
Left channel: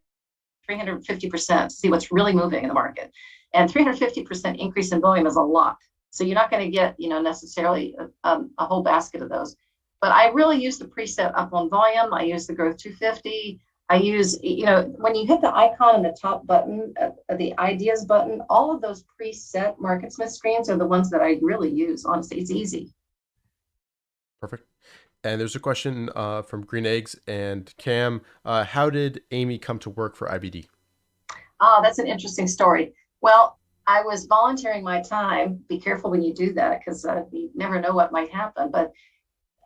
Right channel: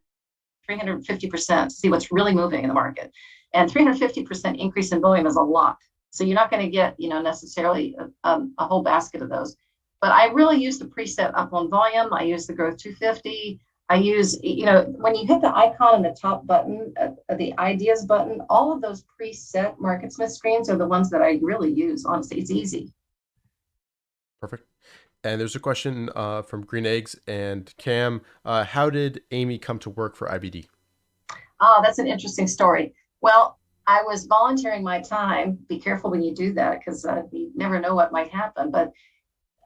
than 350% to see what's really moving in the market, and 350% increase in volume is a lot. So you're not going to get necessarily a whole basket of those. But I really use the preset up on volume. I use the growth 250. I use, when you hit the icon in the top button, the ideas button, all of those preset MarketSmith screens are the ones that I really use. Honestly, it's easy. Perfect. And there's a question from Green Eggs and Cam. How did Amy come to work for IBD? Oh, that's an interesting story. Well, I was volunteering my time. Be careful when you do that because you never know what might happen. But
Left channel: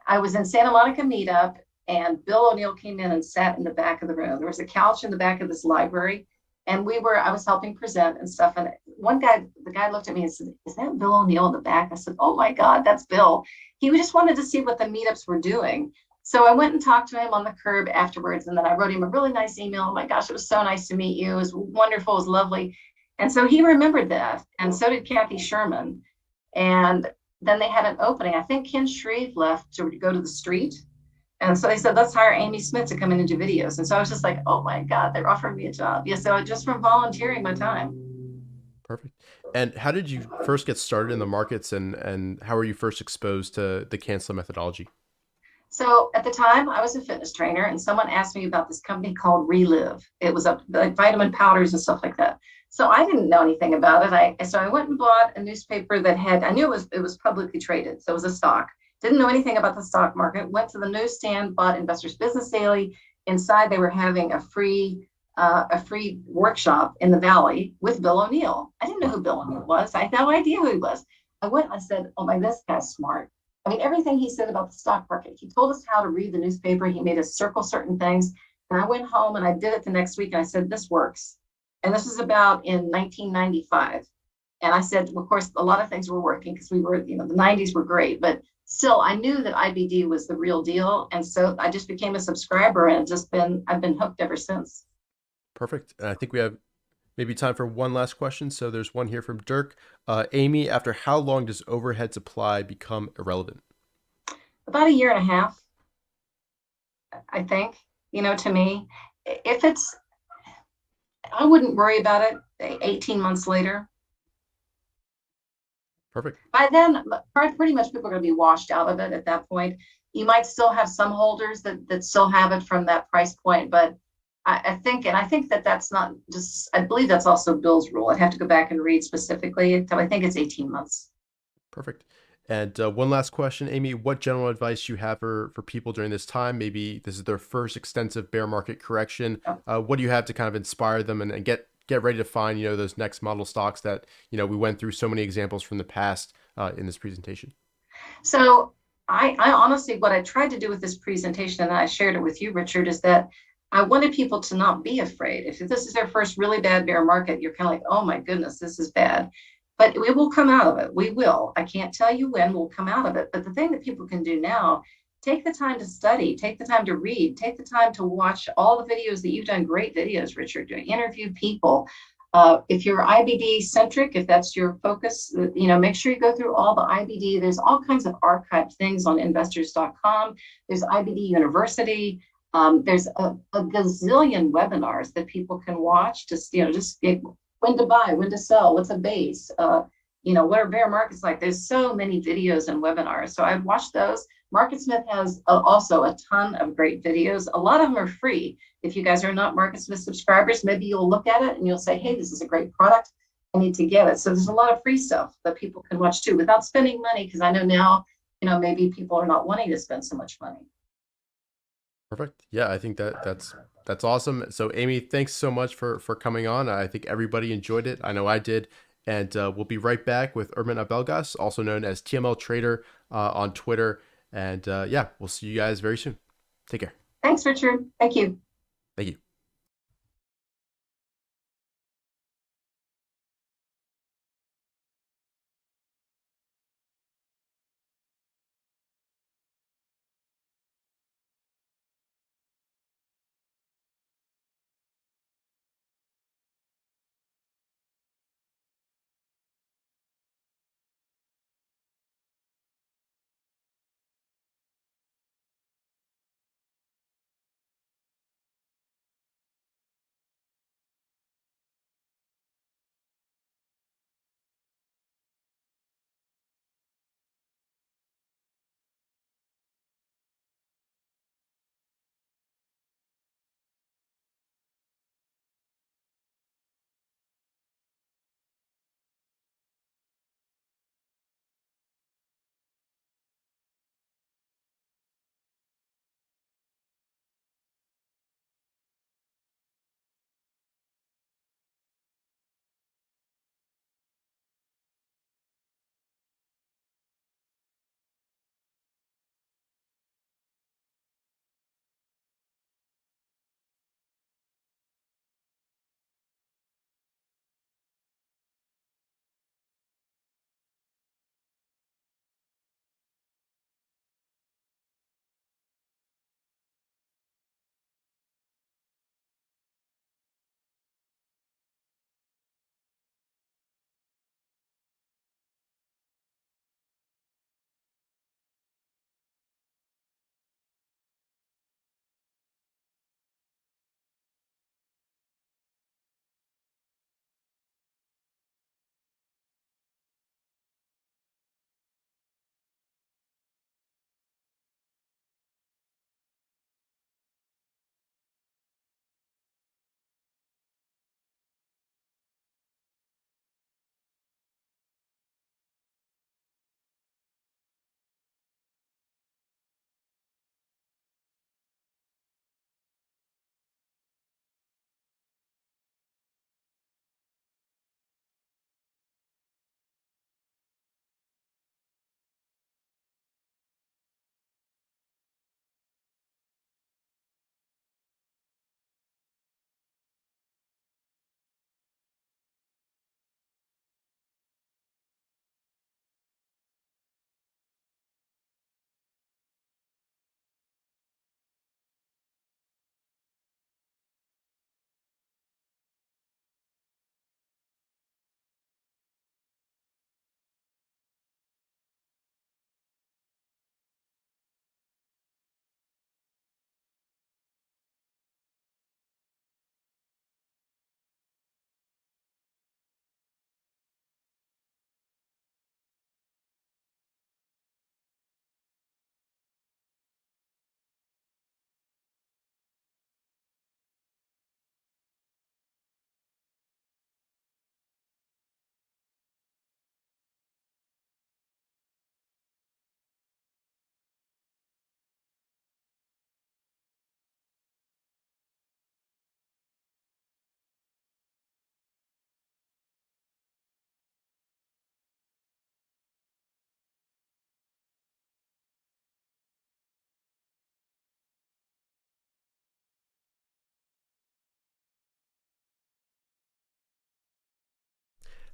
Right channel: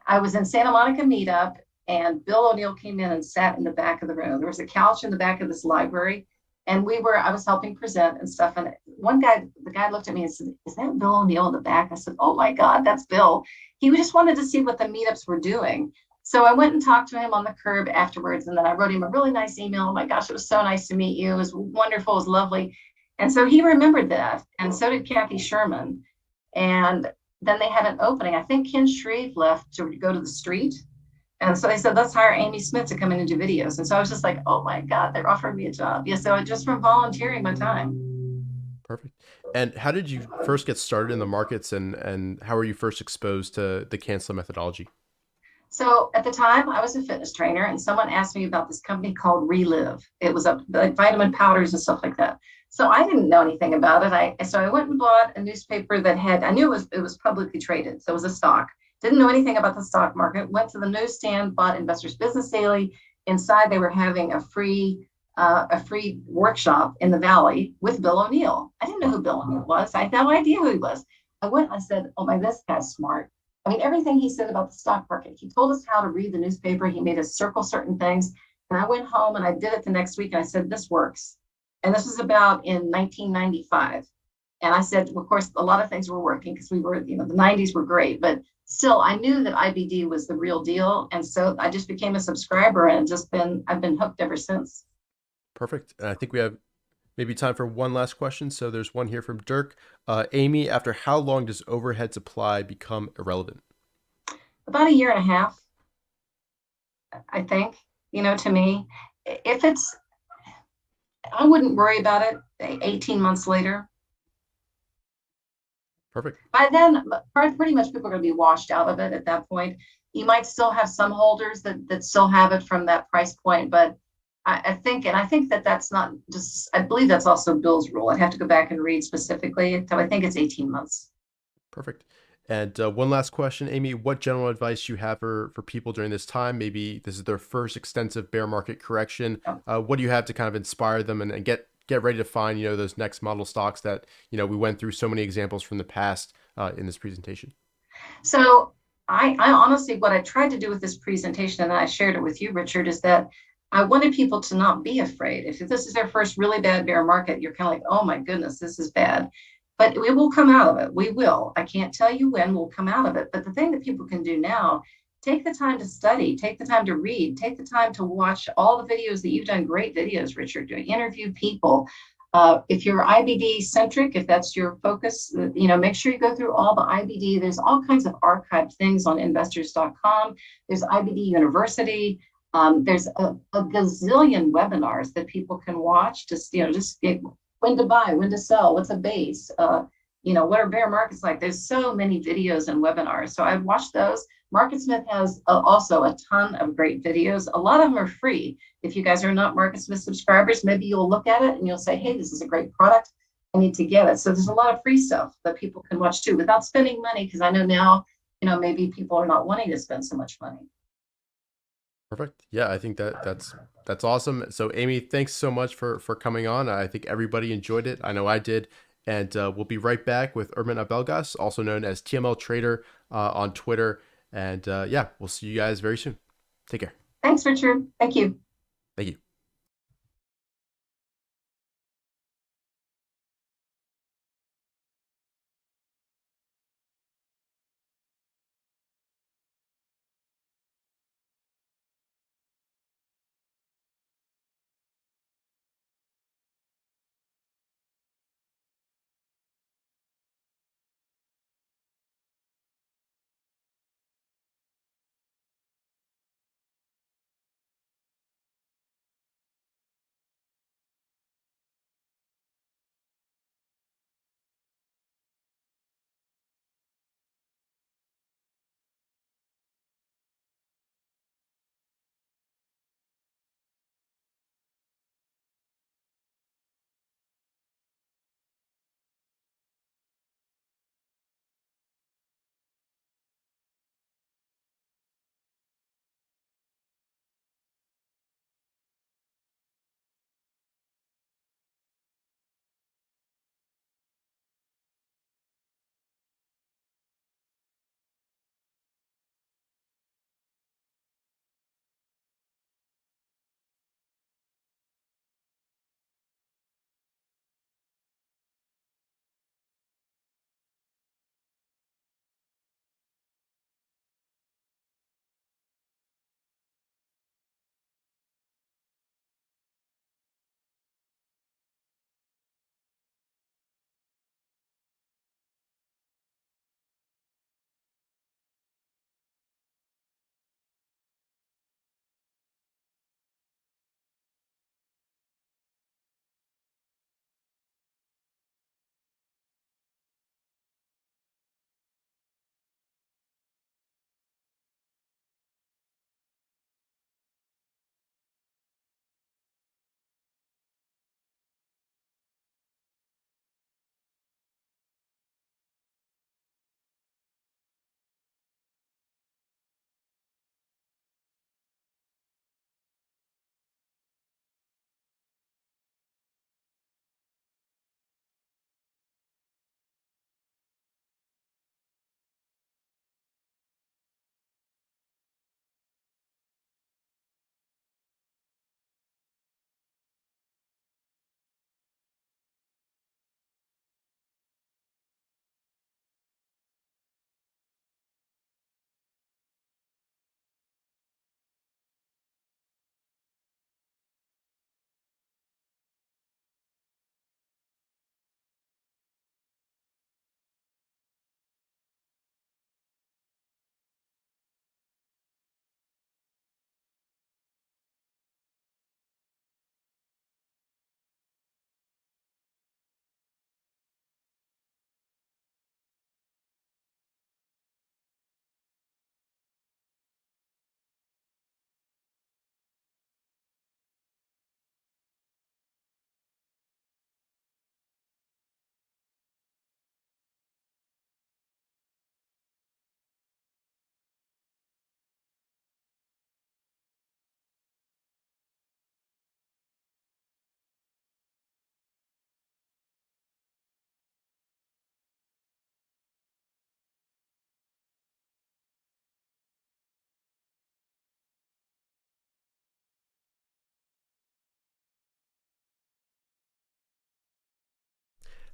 I was in Santa Monica meetup, and Bill O'Neill came in and sat in the back of the room. There was a couch in the back of this library, and I was helping present and stuff. And the guy looked at me and said, "Is that Bill O'Neill in the back?" I said, "Oh my God, that's Bill." He just wanted to see what the meetups were doing. So I went and talked to him on the curb afterwards. And then I wrote him a really nice email. Oh my gosh, it was so nice to meet you. It was wonderful. It was lovely. And so he remembered that. And so did Kathy Sherman. And then they had an opening. I think Ken Shreve left to go to the street. And so they said, let's hire Amy Smith to come in and do videos. And so I was just like, oh my God, they're offering me a job. Yeah, so just from volunteering my time. Perfect. And how did you first get started in the markets, and how were you first exposed to the Cancel methodology? So at the time, I was a fitness trainer, and someone asked me about this company called Relive. It was like vitamin powders and stuff like that. So I didn't know anything about it. So I went and bought a newspaper I knew it was publicly traded. So it was a stock. Didn't know anything about the stock market. Went to the newsstand, bought Investors Business Daily. Inside, they were having a free workshop in the Valley with Bill O'Neill. I didn't know who Bill O'Neill was. I had no idea who he was. I went and I said, oh my, this guy's smart. I mean, everything he said about the stock market, he told us how to read the newspaper. He made us circle certain things. And I went home and I did it the next week. And I said, this works. And this was about in 1995. And I said, well, of course, a lot of things were working because we were, the 90s were great. But still, I knew that IBD was the real deal. And so I just became a subscriber, and I've been hooked ever since. Perfect. And I think we have maybe time for one last question. So there's one here from Dirk. Amy, after how long does overhead supply become irrelevant? About a year and a half, I think. To me, I wouldn't worry about it 18 months later. Perfect. By then, pretty much people are going to be washed out of it at that point. You might still have some holders that still have it from that price point, but I think that's not just, I believe that's also Bill's rule. I'd have to go back and read specifically. So I think it's 18 months. Perfect. And one last question, Amy, what general advice you have for people during this time? Maybe this is their first extensive bear market correction. What do you have to kind of inspire them and get ready to find, those next model stocks that, we went through so many examples from the past in this presentation? So I honestly, what I tried to do with this presentation, and I shared it with you, Richard, is that I wanted people to not be afraid. If this is their first really bad bear market, you're kind of like, oh my goodness, this is bad. But we will come out of it. We will. I can't tell you when we'll come out of it. But the thing that people can do now, take the time to study, take the time to read, take the time to watch all the videos that you've done. Great videos, Richard, to interview people. If you're IBD centric, if that's your focus, make sure you go through all the IBD. There's all kinds of archived things on investors.com. There's IBD University. There's a gazillion webinars that people can watch. Just when to buy, when to sell, what's a base, what are bear markets like? There's so many videos and webinars. So I've watched those. MarketSmith has also a ton of great videos. A lot of them are free. If you guys are not MarketSmith subscribers, maybe you'll look at it and you'll say, hey, this is a great product. I need to get it. So there's a lot of free stuff that people can watch too without spending money, because I know now, maybe people are not wanting to spend so much money. Perfect. Yeah, I think that's awesome. So Amy, thanks so much for coming on. I think everybody enjoyed it. I know I did. And we'll be right back with Ermen Abelgas, also known as TML Trader on Twitter. And we'll see you guys very soon. Take care. Thanks, Richard. Thank you. Thank you.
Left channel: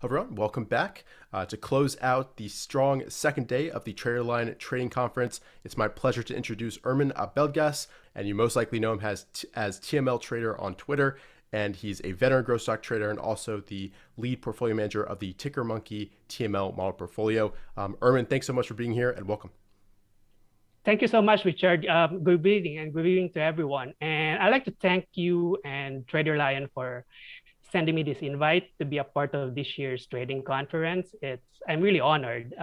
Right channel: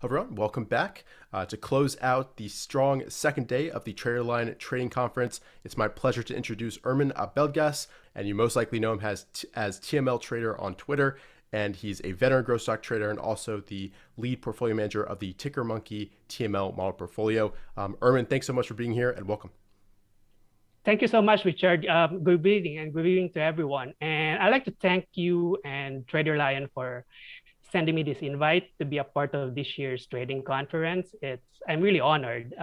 Everyone, welcome back. To close out the strong second day of the TraderLion Trading Conference, it's my pleasure to introduce Ermen Abelgas, and you most likely know him as TML Trader on Twitter, and he's a veteran growth stock trader and also the lead portfolio manager of the Ticker Monkey TML model portfolio. Ermen, thanks so much for being here and welcome. Thank you so much, Richard. Good evening and good evening to everyone. And I'd like to thank you and TraderLion for sending me this invite to be a part of this year's trading conference. I'm really honored,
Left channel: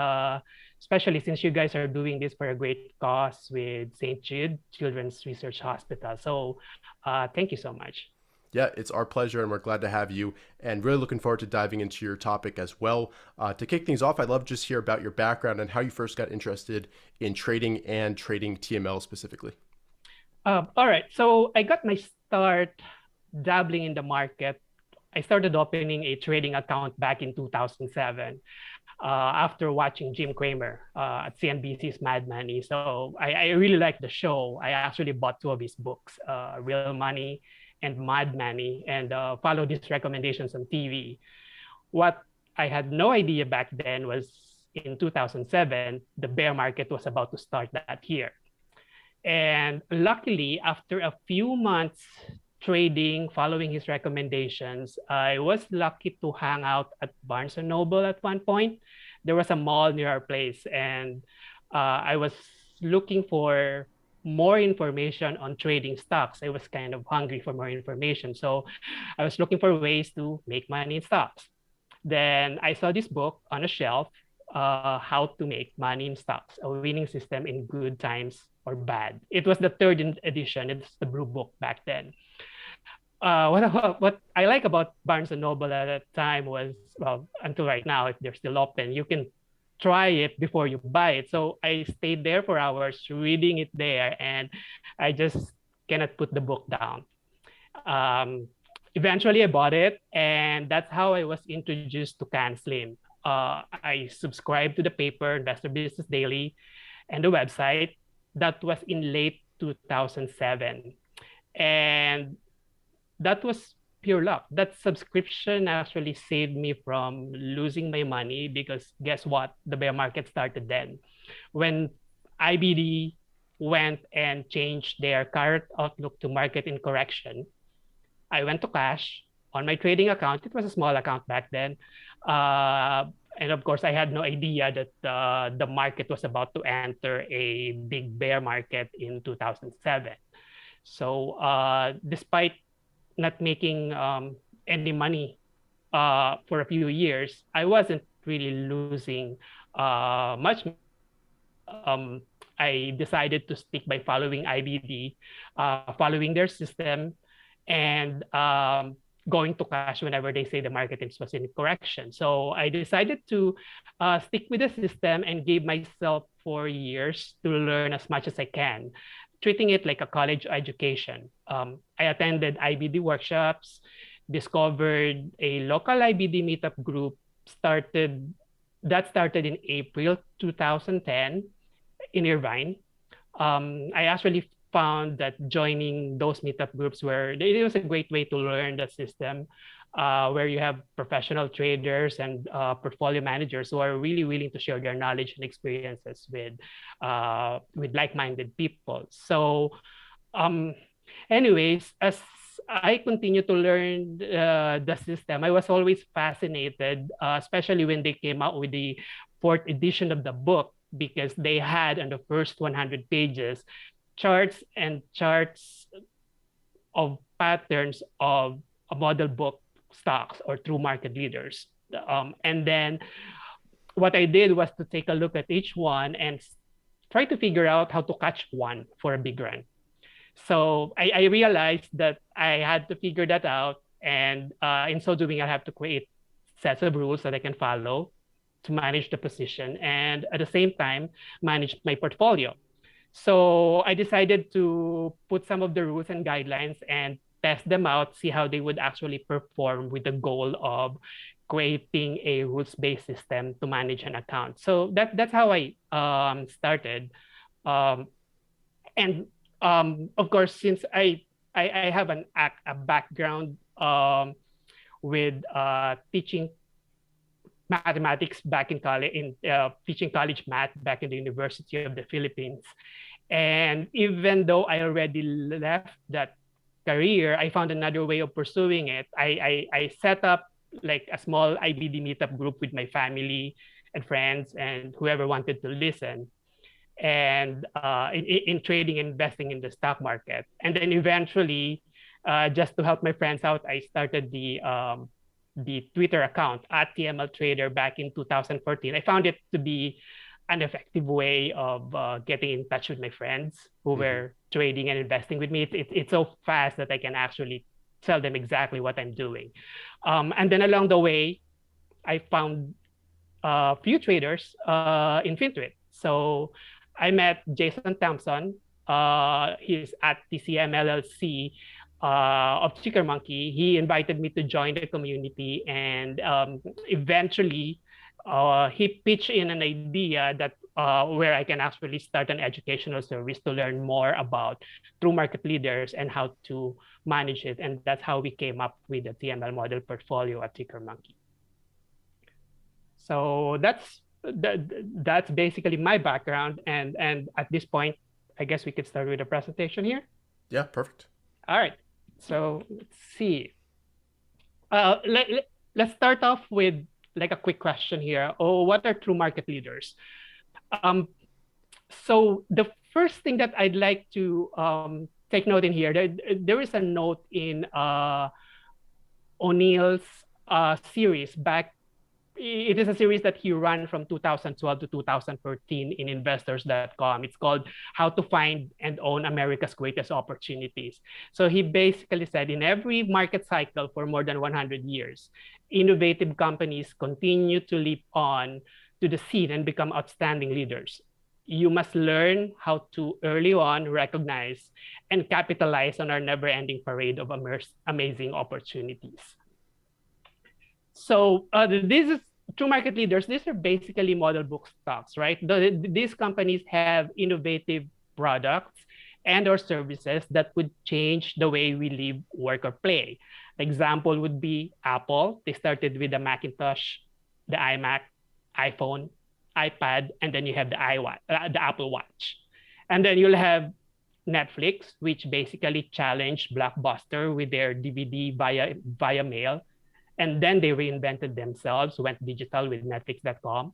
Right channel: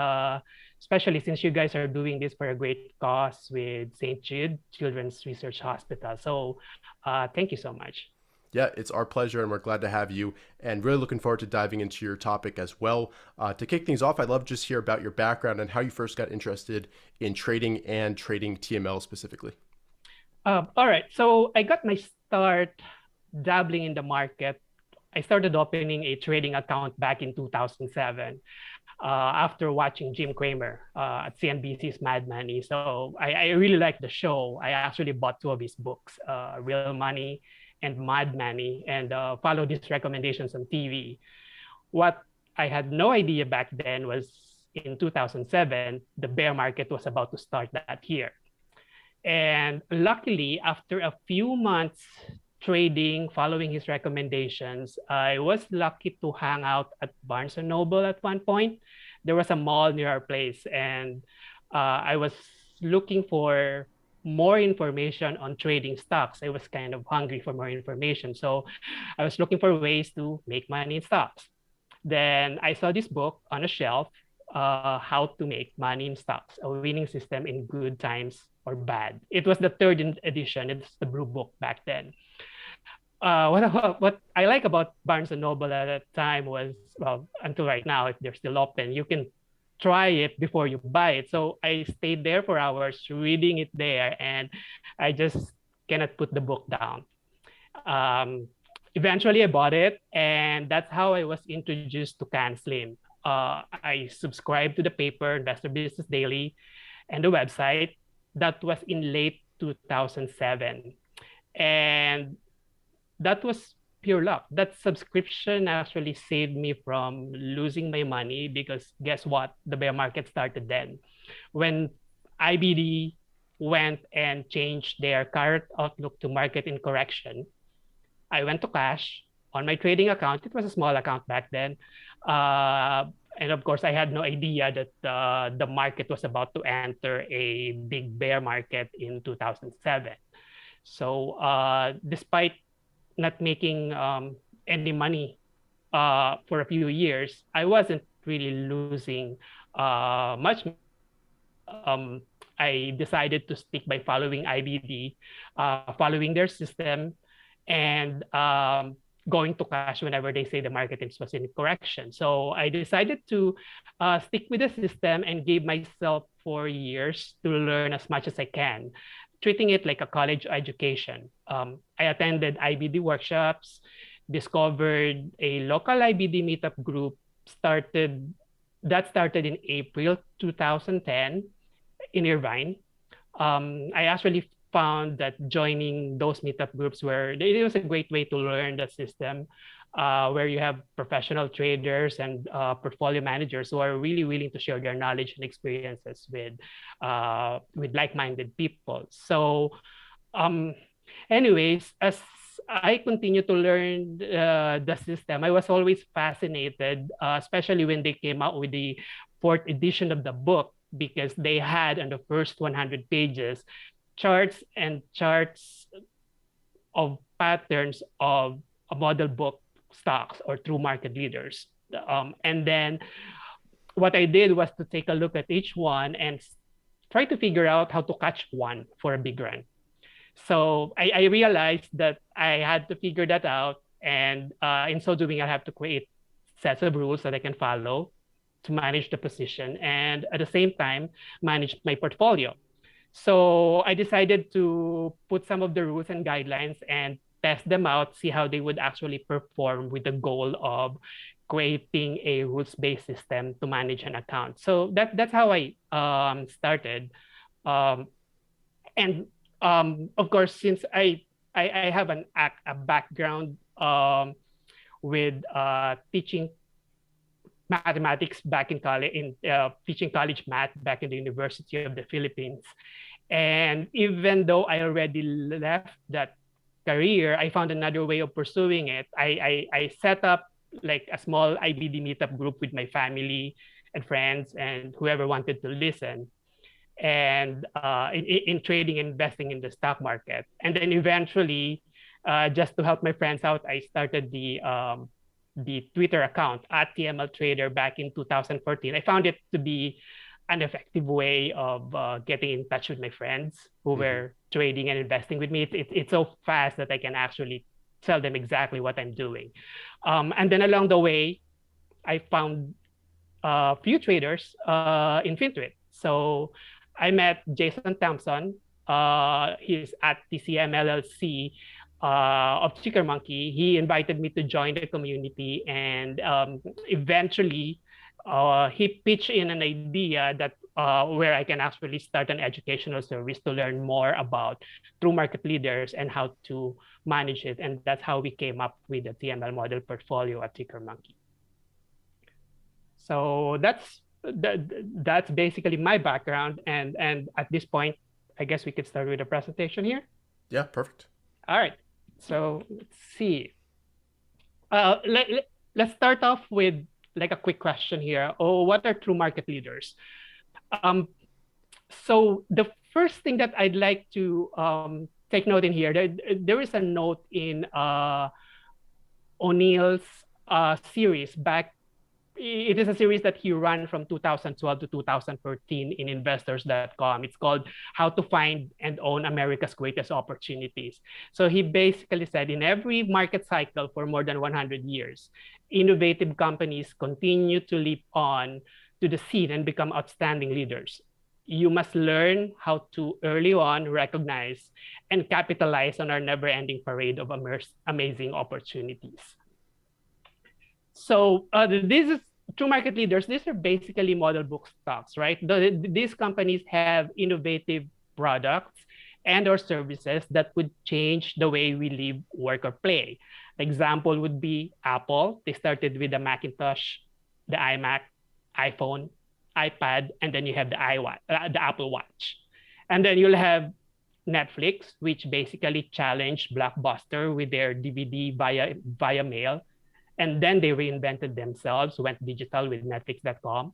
especially since you guys are doing this for a great cause with St. Jude Children's Research Hospital. So thank you so much. Yeah, it's our pleasure, and we're glad to have you, and really looking forward to diving into your topic as well. To kick things off, I'd love to just hear about your background and how you first got interested in trading and trading TML specifically. All right, so I got my start dabbling in the market. I started opening a trading account back in 2007 after watching Jim Cramer at CNBC's Mad Money. So I really liked the show. I actually bought 2 of his books, Real Money and Mad Money, and followed his recommendations on TV. What I had no idea back then was in 2007, the bear market was about to start that year. And luckily, after a few months trading, following his recommendations, I was lucky to hang out at Barnes & Noble at one point. There was a mall near our place, and I was looking for more information on trading stocks. I was kind of hungry for more information. So I was looking for ways to make money in stocks. Then I saw this book on a shelf, How to Make Money in Stocks, a Winning System in Good Times or Bad. It was the 3rd edition. It's the blue book back then. What I like about Barnes & Noble at that time was, well, until right now, if they're still open, you can try it before you buy it. So I stayed there for hours reading it there, and I just cannot put the book down. Eventually, I bought it, and that's how I was introduced to Can Slim. I subscribed to the paper, Investor Business Daily, and the website. That was in late 2007. And that was pure luck. That subscription actually saved me from losing my money because guess what? The bear market started then. When IBD went and changed their current outlook to market in correction, I went to cash on my trading account. It was a small account back then. And of course, I had no idea that the market was about to enter a big bear market in 2007. So despite not making any money for a few years, I wasn't really losing much. I decided to stick by following IBD, following their system, and going to cash whenever they say the market was in correction. So I decided to stick with the system and gave myself 4 years to learn as much as I can, treating it like a college education. I attended IBD workshops, discovered a local IBD meetup group, started in April 2010 in Irvine. I actually found that joining those meetup groups it was a great way to learn the system, where you have professional traders and portfolio managers who are really willing to share their knowledge and experiences with like-minded people. So anyways, as I continue to learn the system, I was always fascinated, especially when they came out with the 4th edition of the book, because they had on the first 100 pages charts of patterns of a model book stocks or true market leaders. And then what I did was to take a look at each one and try to figure out how to catch one for a big run. So I realized that I had to figure that out. And in so doing, I have to create sets of rules that I can follow to manage the position and at the same time, manage my portfolio. So I decided to put some of the rules and guidelines and test them out, see how they would actually perform with the goal of creating a rules-based system to manage an account. So that's how I started. And of course, since I have a background with teaching mathematics back in college, teaching college math back in the University of the Philippines. And even though I already left that career, I found another way of pursuing it. I set up like a small IBD meetup group with my family and friends and whoever wanted to listen, and in trading and investing in the stock market. And then eventually, just to help my friends out, I started the Twitter account at TML Trader back in 2014. I found it to be an effective way of getting in touch with my friends who were trading and investing with me. It's so fast that I can actually tell them exactly what I'm doing. And then along the way, I found a few traders in FinTwit. So I met Jason Thompson. He's at TCM LLC of Ticker Monkey. He invited me to join the community, and eventually he pitched in an idea that where I can actually start an educational service to learn more about true market leaders and how to manage it. And that's how we came up with the TML model portfolio at Ticker Monkey. So that's basically my background. And at this point, I guess we could start with the presentation here. Yeah, perfect. All right. So let's see. Let's start off with like a quick question here. Oh, what are true market leaders? So the first thing that I'd like to take note in here, there is a note in O'Neill's series back. It is a series that he ran from 2012 to 2014 in investors.com. It's called How to Find and Own America's Greatest Opportunities. So he basically said in every market cycle for more than 100 years, innovative companies continue to leap on to the scene and become outstanding leaders. You must learn how to early on recognize and capitalize on our never-ending parade of amazing opportunities. So this is true market leaders. These are basically model book stocks, right? These companies have innovative products and or services that would change the way we live, work, or play. Example would be Apple. They started with the Macintosh, the iMac, iPhone, iPad, and then you have the Apple Watch. And then you'll have Netflix, which basically challenged Blockbuster with their DVD via mail. And then they reinvented themselves, went digital with Netflix.com,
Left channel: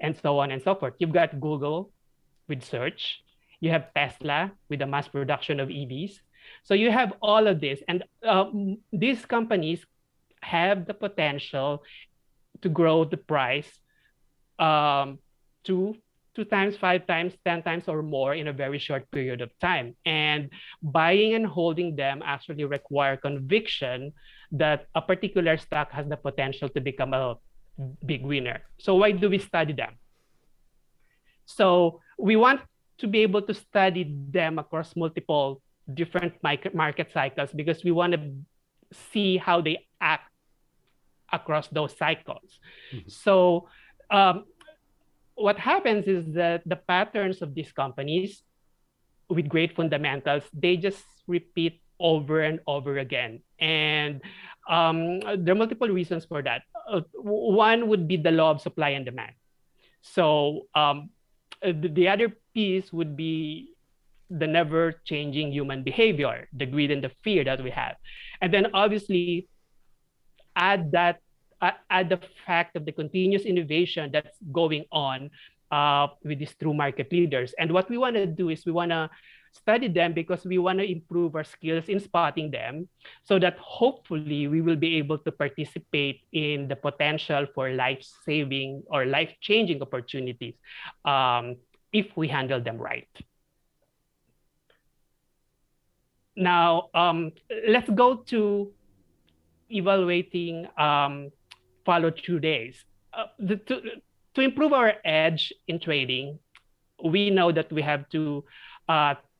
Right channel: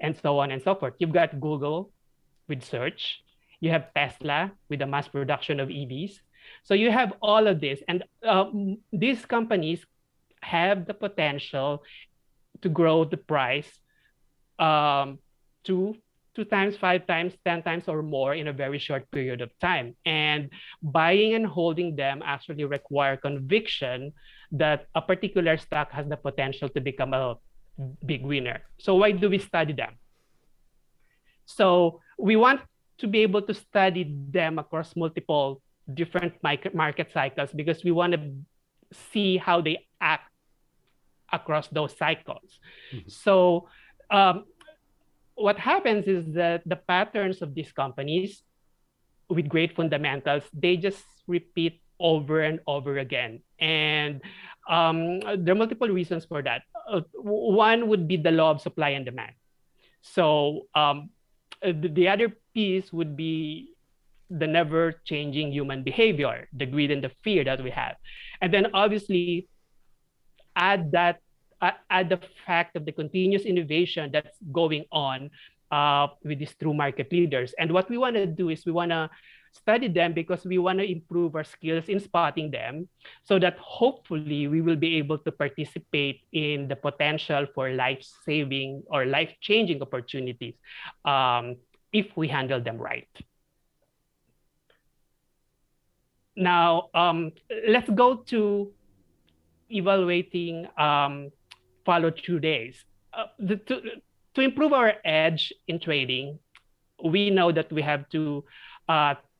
and so on and so forth. You've got Google with search. You have Tesla with the mass production of EVs. So you have all of this. And these companies have the potential to grow the price two times, 5 times, 10 times or more in a very short period of time. And buying and holding them actually require conviction that a particular stock has the potential to become a big winner. So why do we study them? So we want to be able to study them across multiple different market cycles because we want to see how they act across those cycles. So what happens is that the patterns of these companies with great fundamentals, they just repeat over and over again. And there are multiple reasons for that. One would be the law of supply and demand. So the other piece would be the never-changing human behavior, the greed and the fear that we have. And then obviously add the fact of the continuous innovation that's going on with these true market leaders. And what we want to do is we want to study them because we want to improve our skills in spotting them so that hopefully we will be able to participate in the potential for life-saving or life-changing opportunities if we handle them right. Now, let's go to evaluating follow-through days. To improve our edge in trading, we know that we have to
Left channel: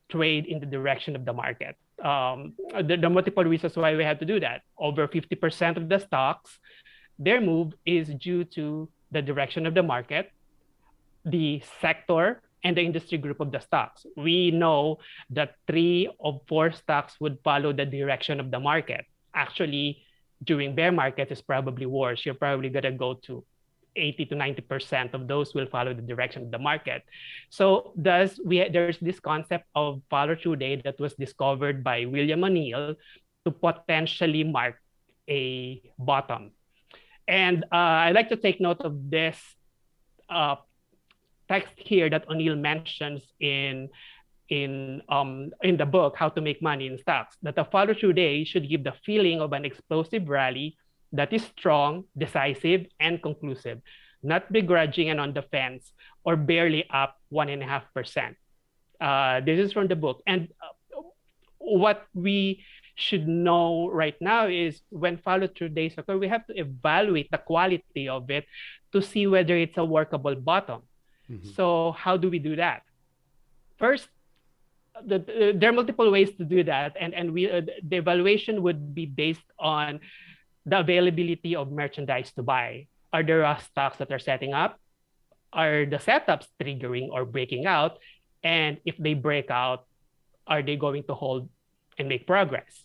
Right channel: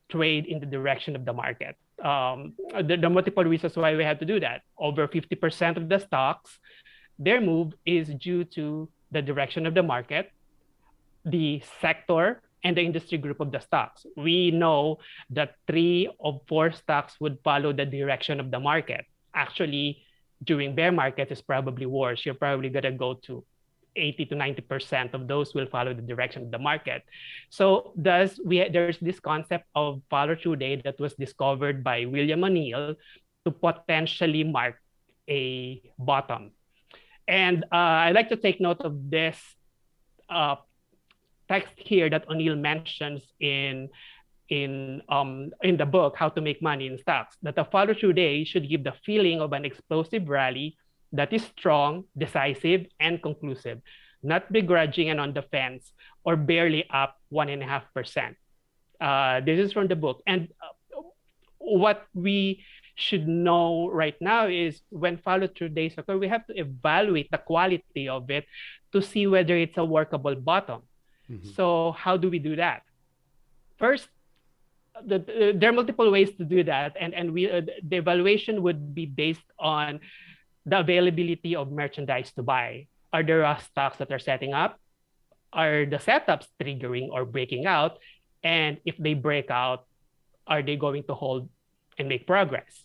trade in the direction of the market. There are multiple reasons why we have to do that. Over 50% of the stocks, their move is due to the direction of the market, the sector, and the industry group of the stocks. We know that 3 of 4 stocks would follow the direction of the market. Actually, during bear market, it's probably worse. You're probably going to go to 80 to 90% of those will follow the direction of the market. So there's this concept of follow-through day that was discovered by William O'Neill to potentially mark a bottom. And I'd like to take note of this text here that O'Neill mentions in the book, How to Make Money in Stocks, that a follow-through day should give the feeling of an explosive rally that is strong, decisive, and conclusive, not begrudging and on the fence, or barely up 1.5%. This is from the book. And what we should know right now is when follow-through days occur, we have to evaluate the quality of it to see whether it's a workable bottom. Mm-hmm. So how do we do that? First, there are multiple ways to do that, and the evaluation would be based on the availability of merchandise to buy. Are there stocks that are setting up? Are the setups triggering or breaking out? And if they break out, are they going to hold and make progress?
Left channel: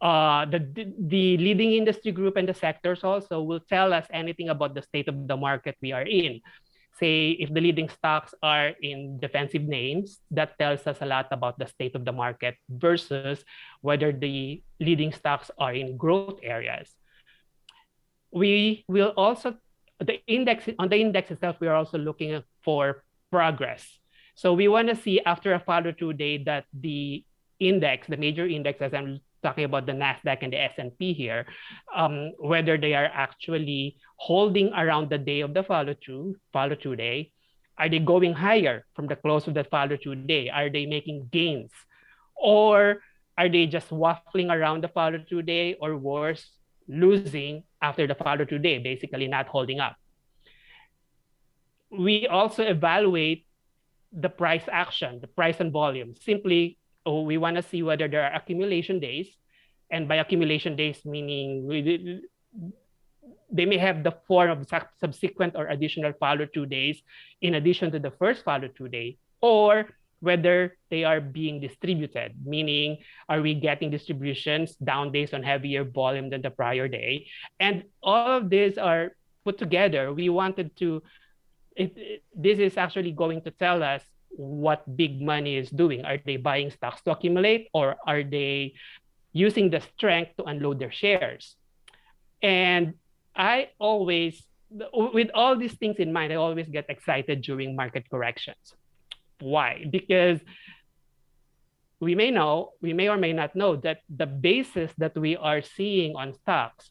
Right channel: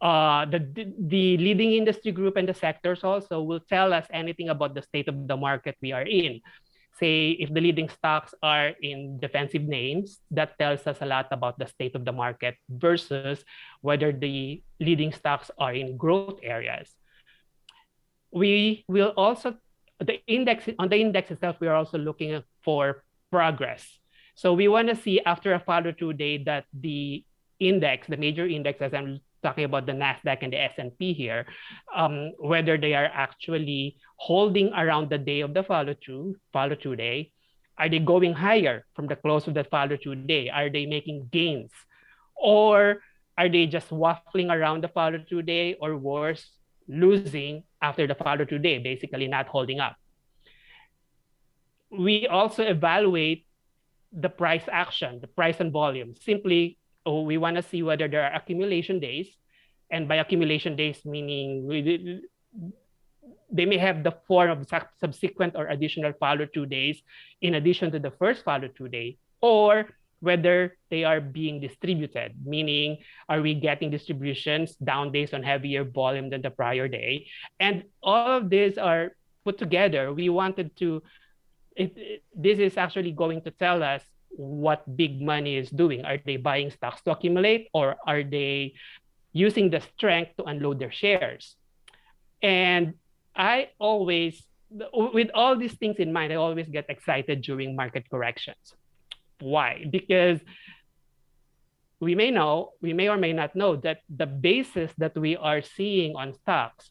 The leading industry group and the sectors also will tell us anything about the state of the market we are in. Say, if the leading stocks are in defensive names, that tells us a lot about the state of the market versus whether the leading stocks are in growth areas. We will also, on the index itself, we are also looking for progress. So we want to see after a follow-through day that the index, the major index, as I'm talking about the NASDAQ and the S&P here, whether they are actually holding around the day of the follow-through day. Are they going higher from the close of the follow-through day? Are they making gains? Or are they just waffling around the follow-through day, or worse, losing after the follow-through day, basically not holding up? We also evaluate the price action, the price and volume. Simply, we want to see whether there are accumulation days, and by accumulation days, meaning they may have the form of subsequent or additional follow-through days in addition to the first follow-through day, or whether they are being distributed, meaning are we getting distributions down days on heavier volume than the prior day? And all of these are put together. We wanted to, this is actually going to tell us what big money is doing. Are they buying stocks to accumulate, or are they using the strength to unload their shares? And I always, with all these things in mind, I always get excited during market corrections. Why? Because we may or may not know that the basis that we are seeing on stocks,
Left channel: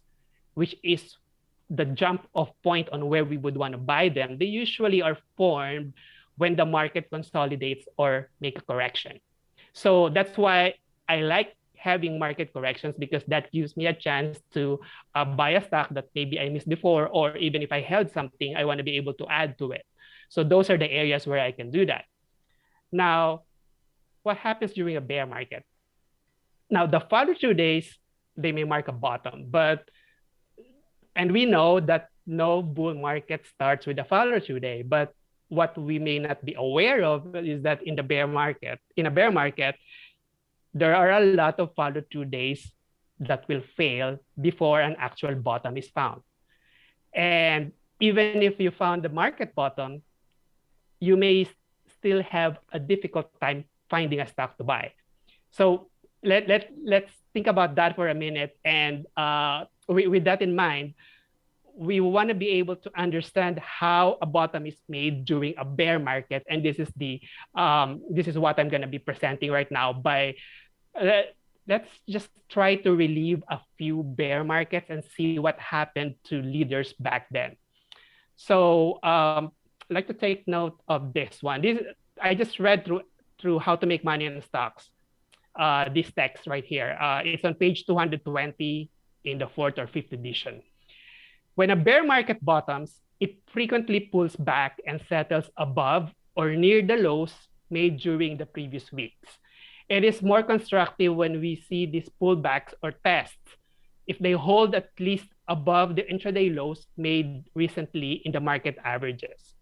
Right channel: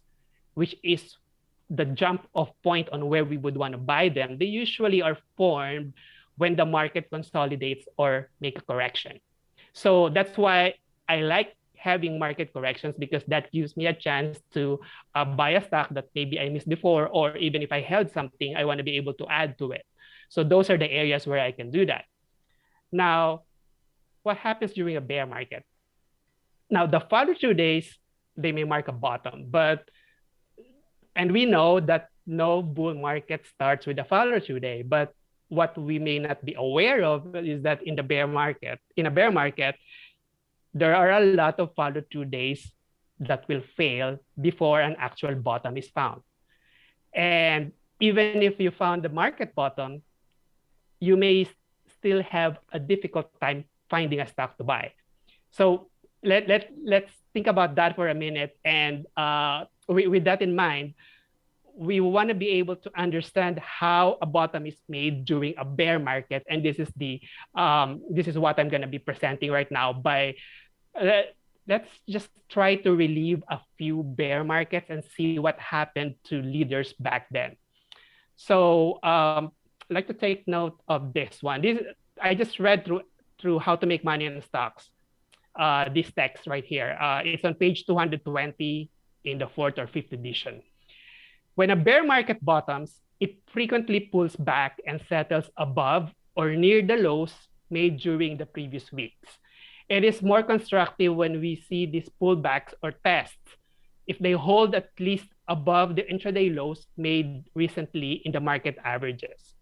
which is the jump off point on where we would want to buy them, they usually are formed when the market consolidates or make a correction. So that's why I like having market corrections, because that gives me a chance to buy a stock that maybe I missed before, or even if I held something, I want to be able to add to it. So those are the areas where I can do that. Now, what happens during a bear market? Now, the follow-through days, they may mark a bottom, and we know that no bull market starts with a follow-through day, but what we may not be aware of is that in a bear market, there are a lot of follow-through days that will fail before an actual bottom is found. And even if you found the market bottom, you may still have a difficult time finding a stock to buy. So let's think about that for a minute. And with that in mind, we want to be able to understand how a bottom is made during a bear market, and this is what I'm going to be presenting right now. Let's just try to relieve a few bear markets and see what happened to leaders back then. So I'd like to take note of this one. I just read through How to Make Money in Stocks. This text right here. It's on page 220 in the 4th or 5th edition. When a bear market bottoms, it frequently pulls back and settles above or near the lows made during the previous weeks. It is more constructive when we see these pullbacks or tests if they hold at least above the intraday lows made recently in the market averages.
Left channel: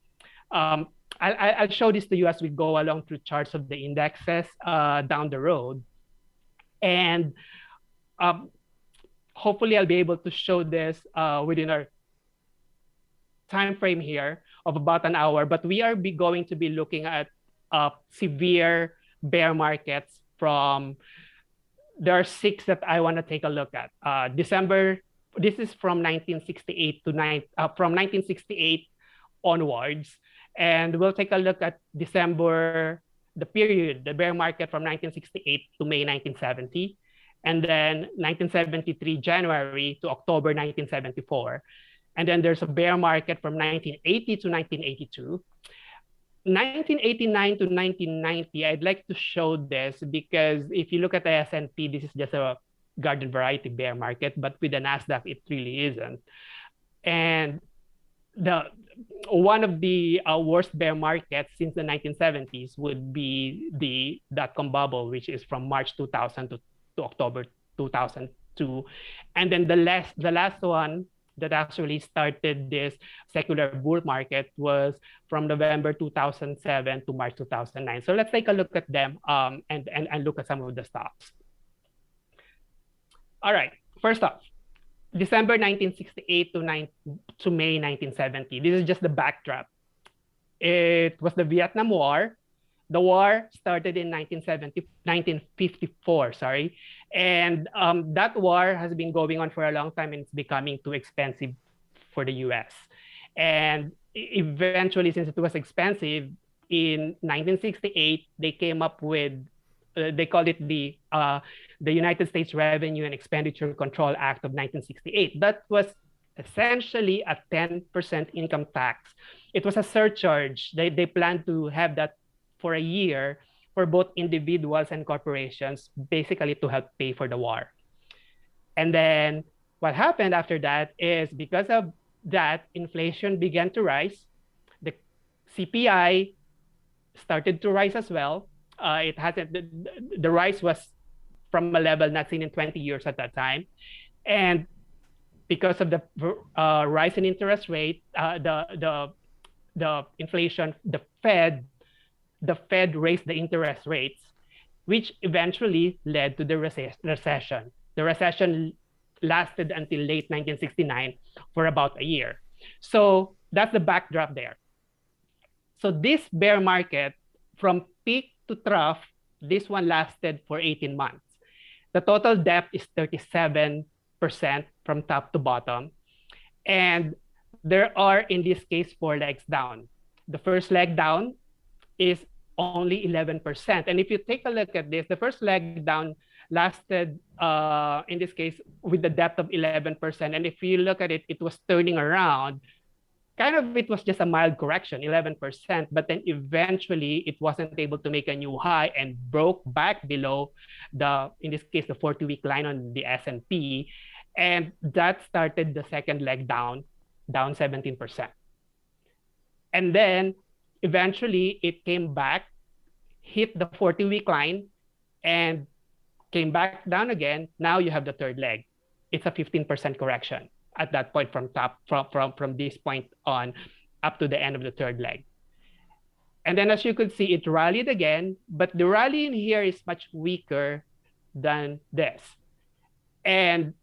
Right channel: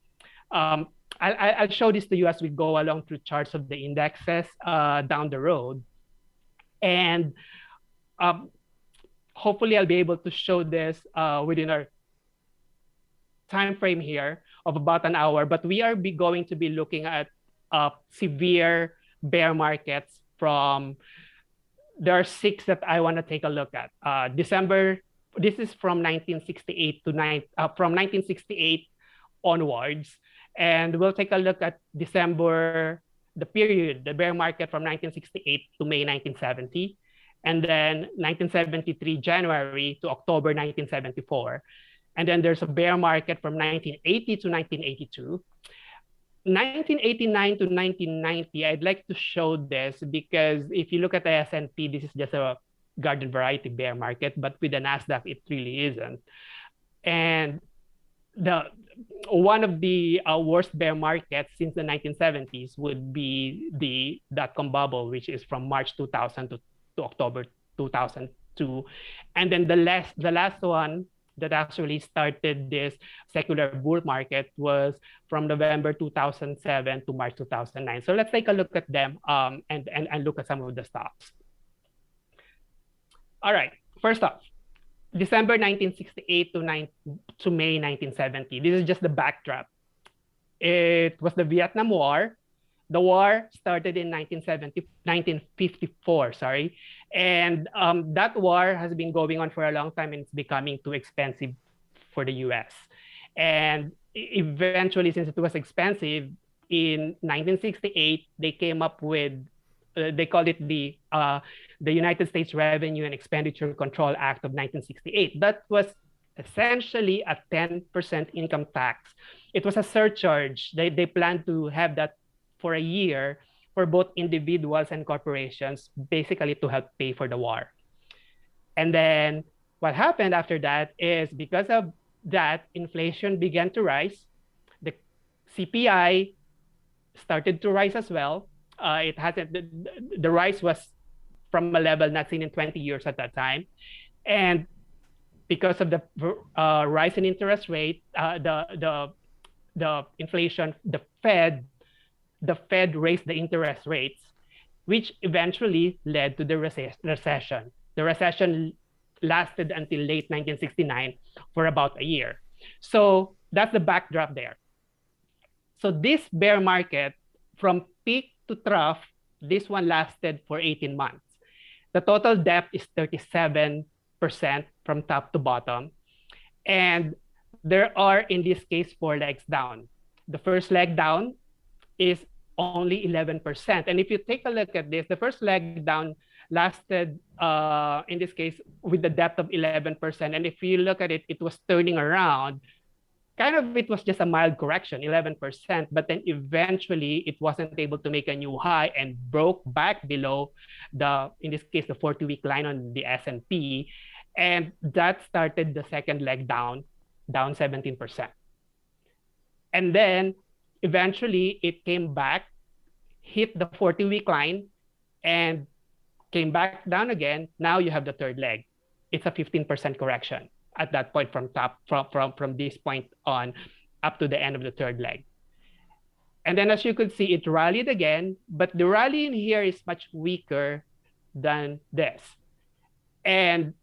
I'll show this to you as we go along through charts of the indexes down the road. And hopefully I'll be able to show this within our time frame here of about an hour, but we are going to be looking at severe bear markets from, there are 6 that I want to take a look at. December, this is from 1968 to from 1968 onwards, and we'll take a look at December, the period, the bear market from 1968 to May 1970, and then 1973 January to October 1974. And then there's a bear market from 1980 to 1982. 1989 to 1990, I'd like to show this because if you look at the S&P, this is just a garden variety bear market, but with the NASDAQ, it really isn't. And one of the worst bear markets since the 1970s would be the dot-com bubble, which is from March 2000 to October 2002. And then the last one that actually started this secular bull market was from November 2007 to March 2009. So let's take a look at them and look at some of the stocks. All right, first off, December 1968 to May 1970. This is just the backdrop. It was the Vietnam War. The war started in 1954, sorry. And that war has been going on for a long time, and it's becoming too expensive for the US. And eventually, since it was expensive, in 1968, they came up with, they called it the United States Revenue and Expenditure Control Act of 1968. That was essentially a 10% income tax. It was a surcharge. They planned to have that for a year for both individuals and corporations, basically to help pay for the war. And then what happened after that is because of that, inflation began to rise. The CPI started to rise as well. It hasn't, the rise was from a level not seen in 20 years at that time. And because of the rise in interest rate, the inflation, the Fed raised the interest rates, which eventually led to the recession. The recession lasted until late 1969 for about a year. So that's the backdrop there. So this bear market, from peak to trough, this one lasted for 18 months. The total depth is 37% from top to bottom. And there are, in this case, 4 legs down. The first leg down is only 11%. And if you take a look at this, the first leg down lasted, in this case, with the depth of 11%. And if you look at it, it was turning around. Kind of, it was just a mild correction, 11%. But then eventually, it wasn't able to make a new high and broke back below the, in this case, the 40-week line on the S&P. And that started the second leg down 17%. And then eventually, it came back, hit the 40-week line, and came back down again. Now you have the third leg. It's a 15% correction at that point from this point on up to the end of the third leg. And then as you could see, it rallied again, but the rally in here is much weaker than this. And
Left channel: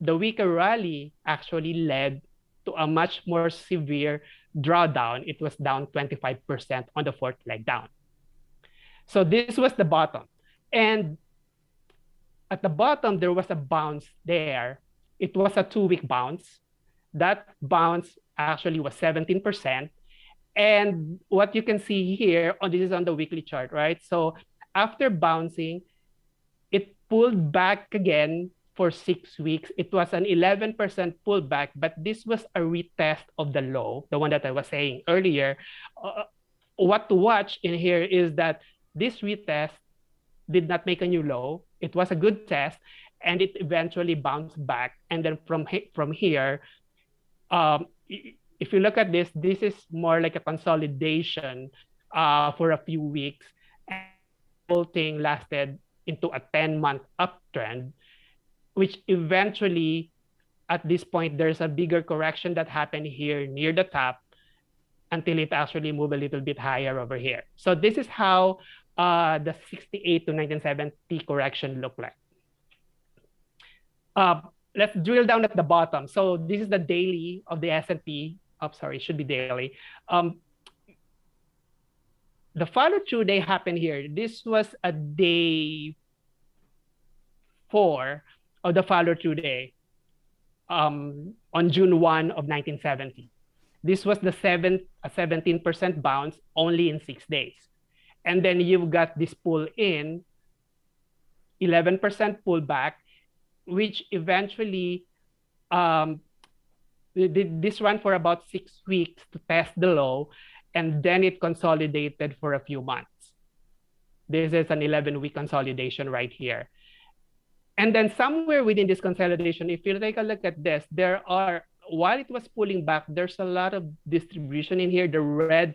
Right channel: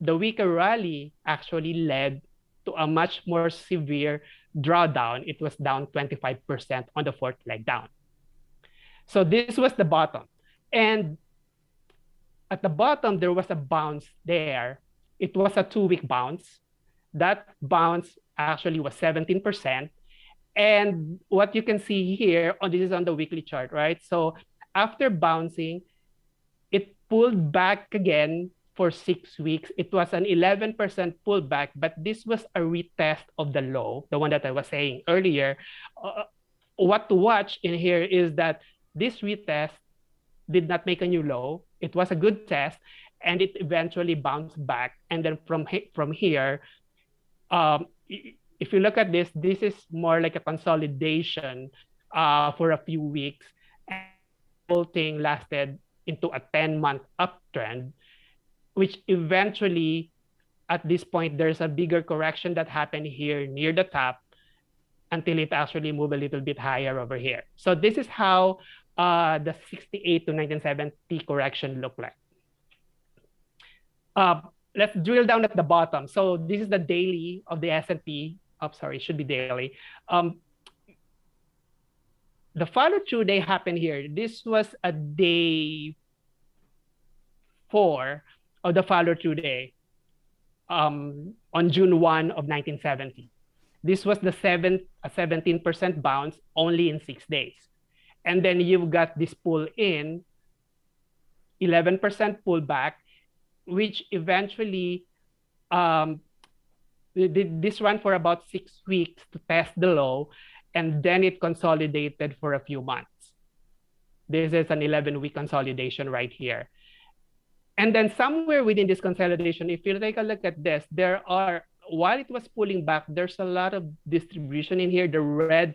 the weaker rally actually led to a much more severe drawdown. It was down 25% on the fourth leg down. So this was the bottom. And at the bottom, there was a bounce there. It was a 2-week bounce. That bounce actually was 17%. And what you can see here, this is on the weekly chart, right? So after bouncing, it pulled back again for 6 weeks. It was an 11% pullback, but this was a retest of the low, the one that I was saying earlier. What to watch in here is that this retest did not make a new low. It was a good test, and it eventually bounced back. And then from here, if you look at this, this is more like a consolidation for a few weeks. And the whole thing lasted into a 10-month uptrend, which eventually, at this point, there's a bigger correction that happened here near the top until it actually moved a little bit higher over here. So this is how the 68 to 1970 correction looked like. Let's drill down at the bottom. So this is the daily of the S&P. sorry, it should be daily. The follow through day happened here. This was a day 4 of the follow through day on June 1 of 1970. This was the 17% bounce only in 6 days. And then you've got this pull in, 11% pullback, which eventually this ran for about 6 weeks to test the low, and then it consolidated for a few months. This is an 11-week consolidation right here. And then somewhere within this consolidation, if you take a look at this, there are, while it was pulling back, there's a lot of distribution in here. The red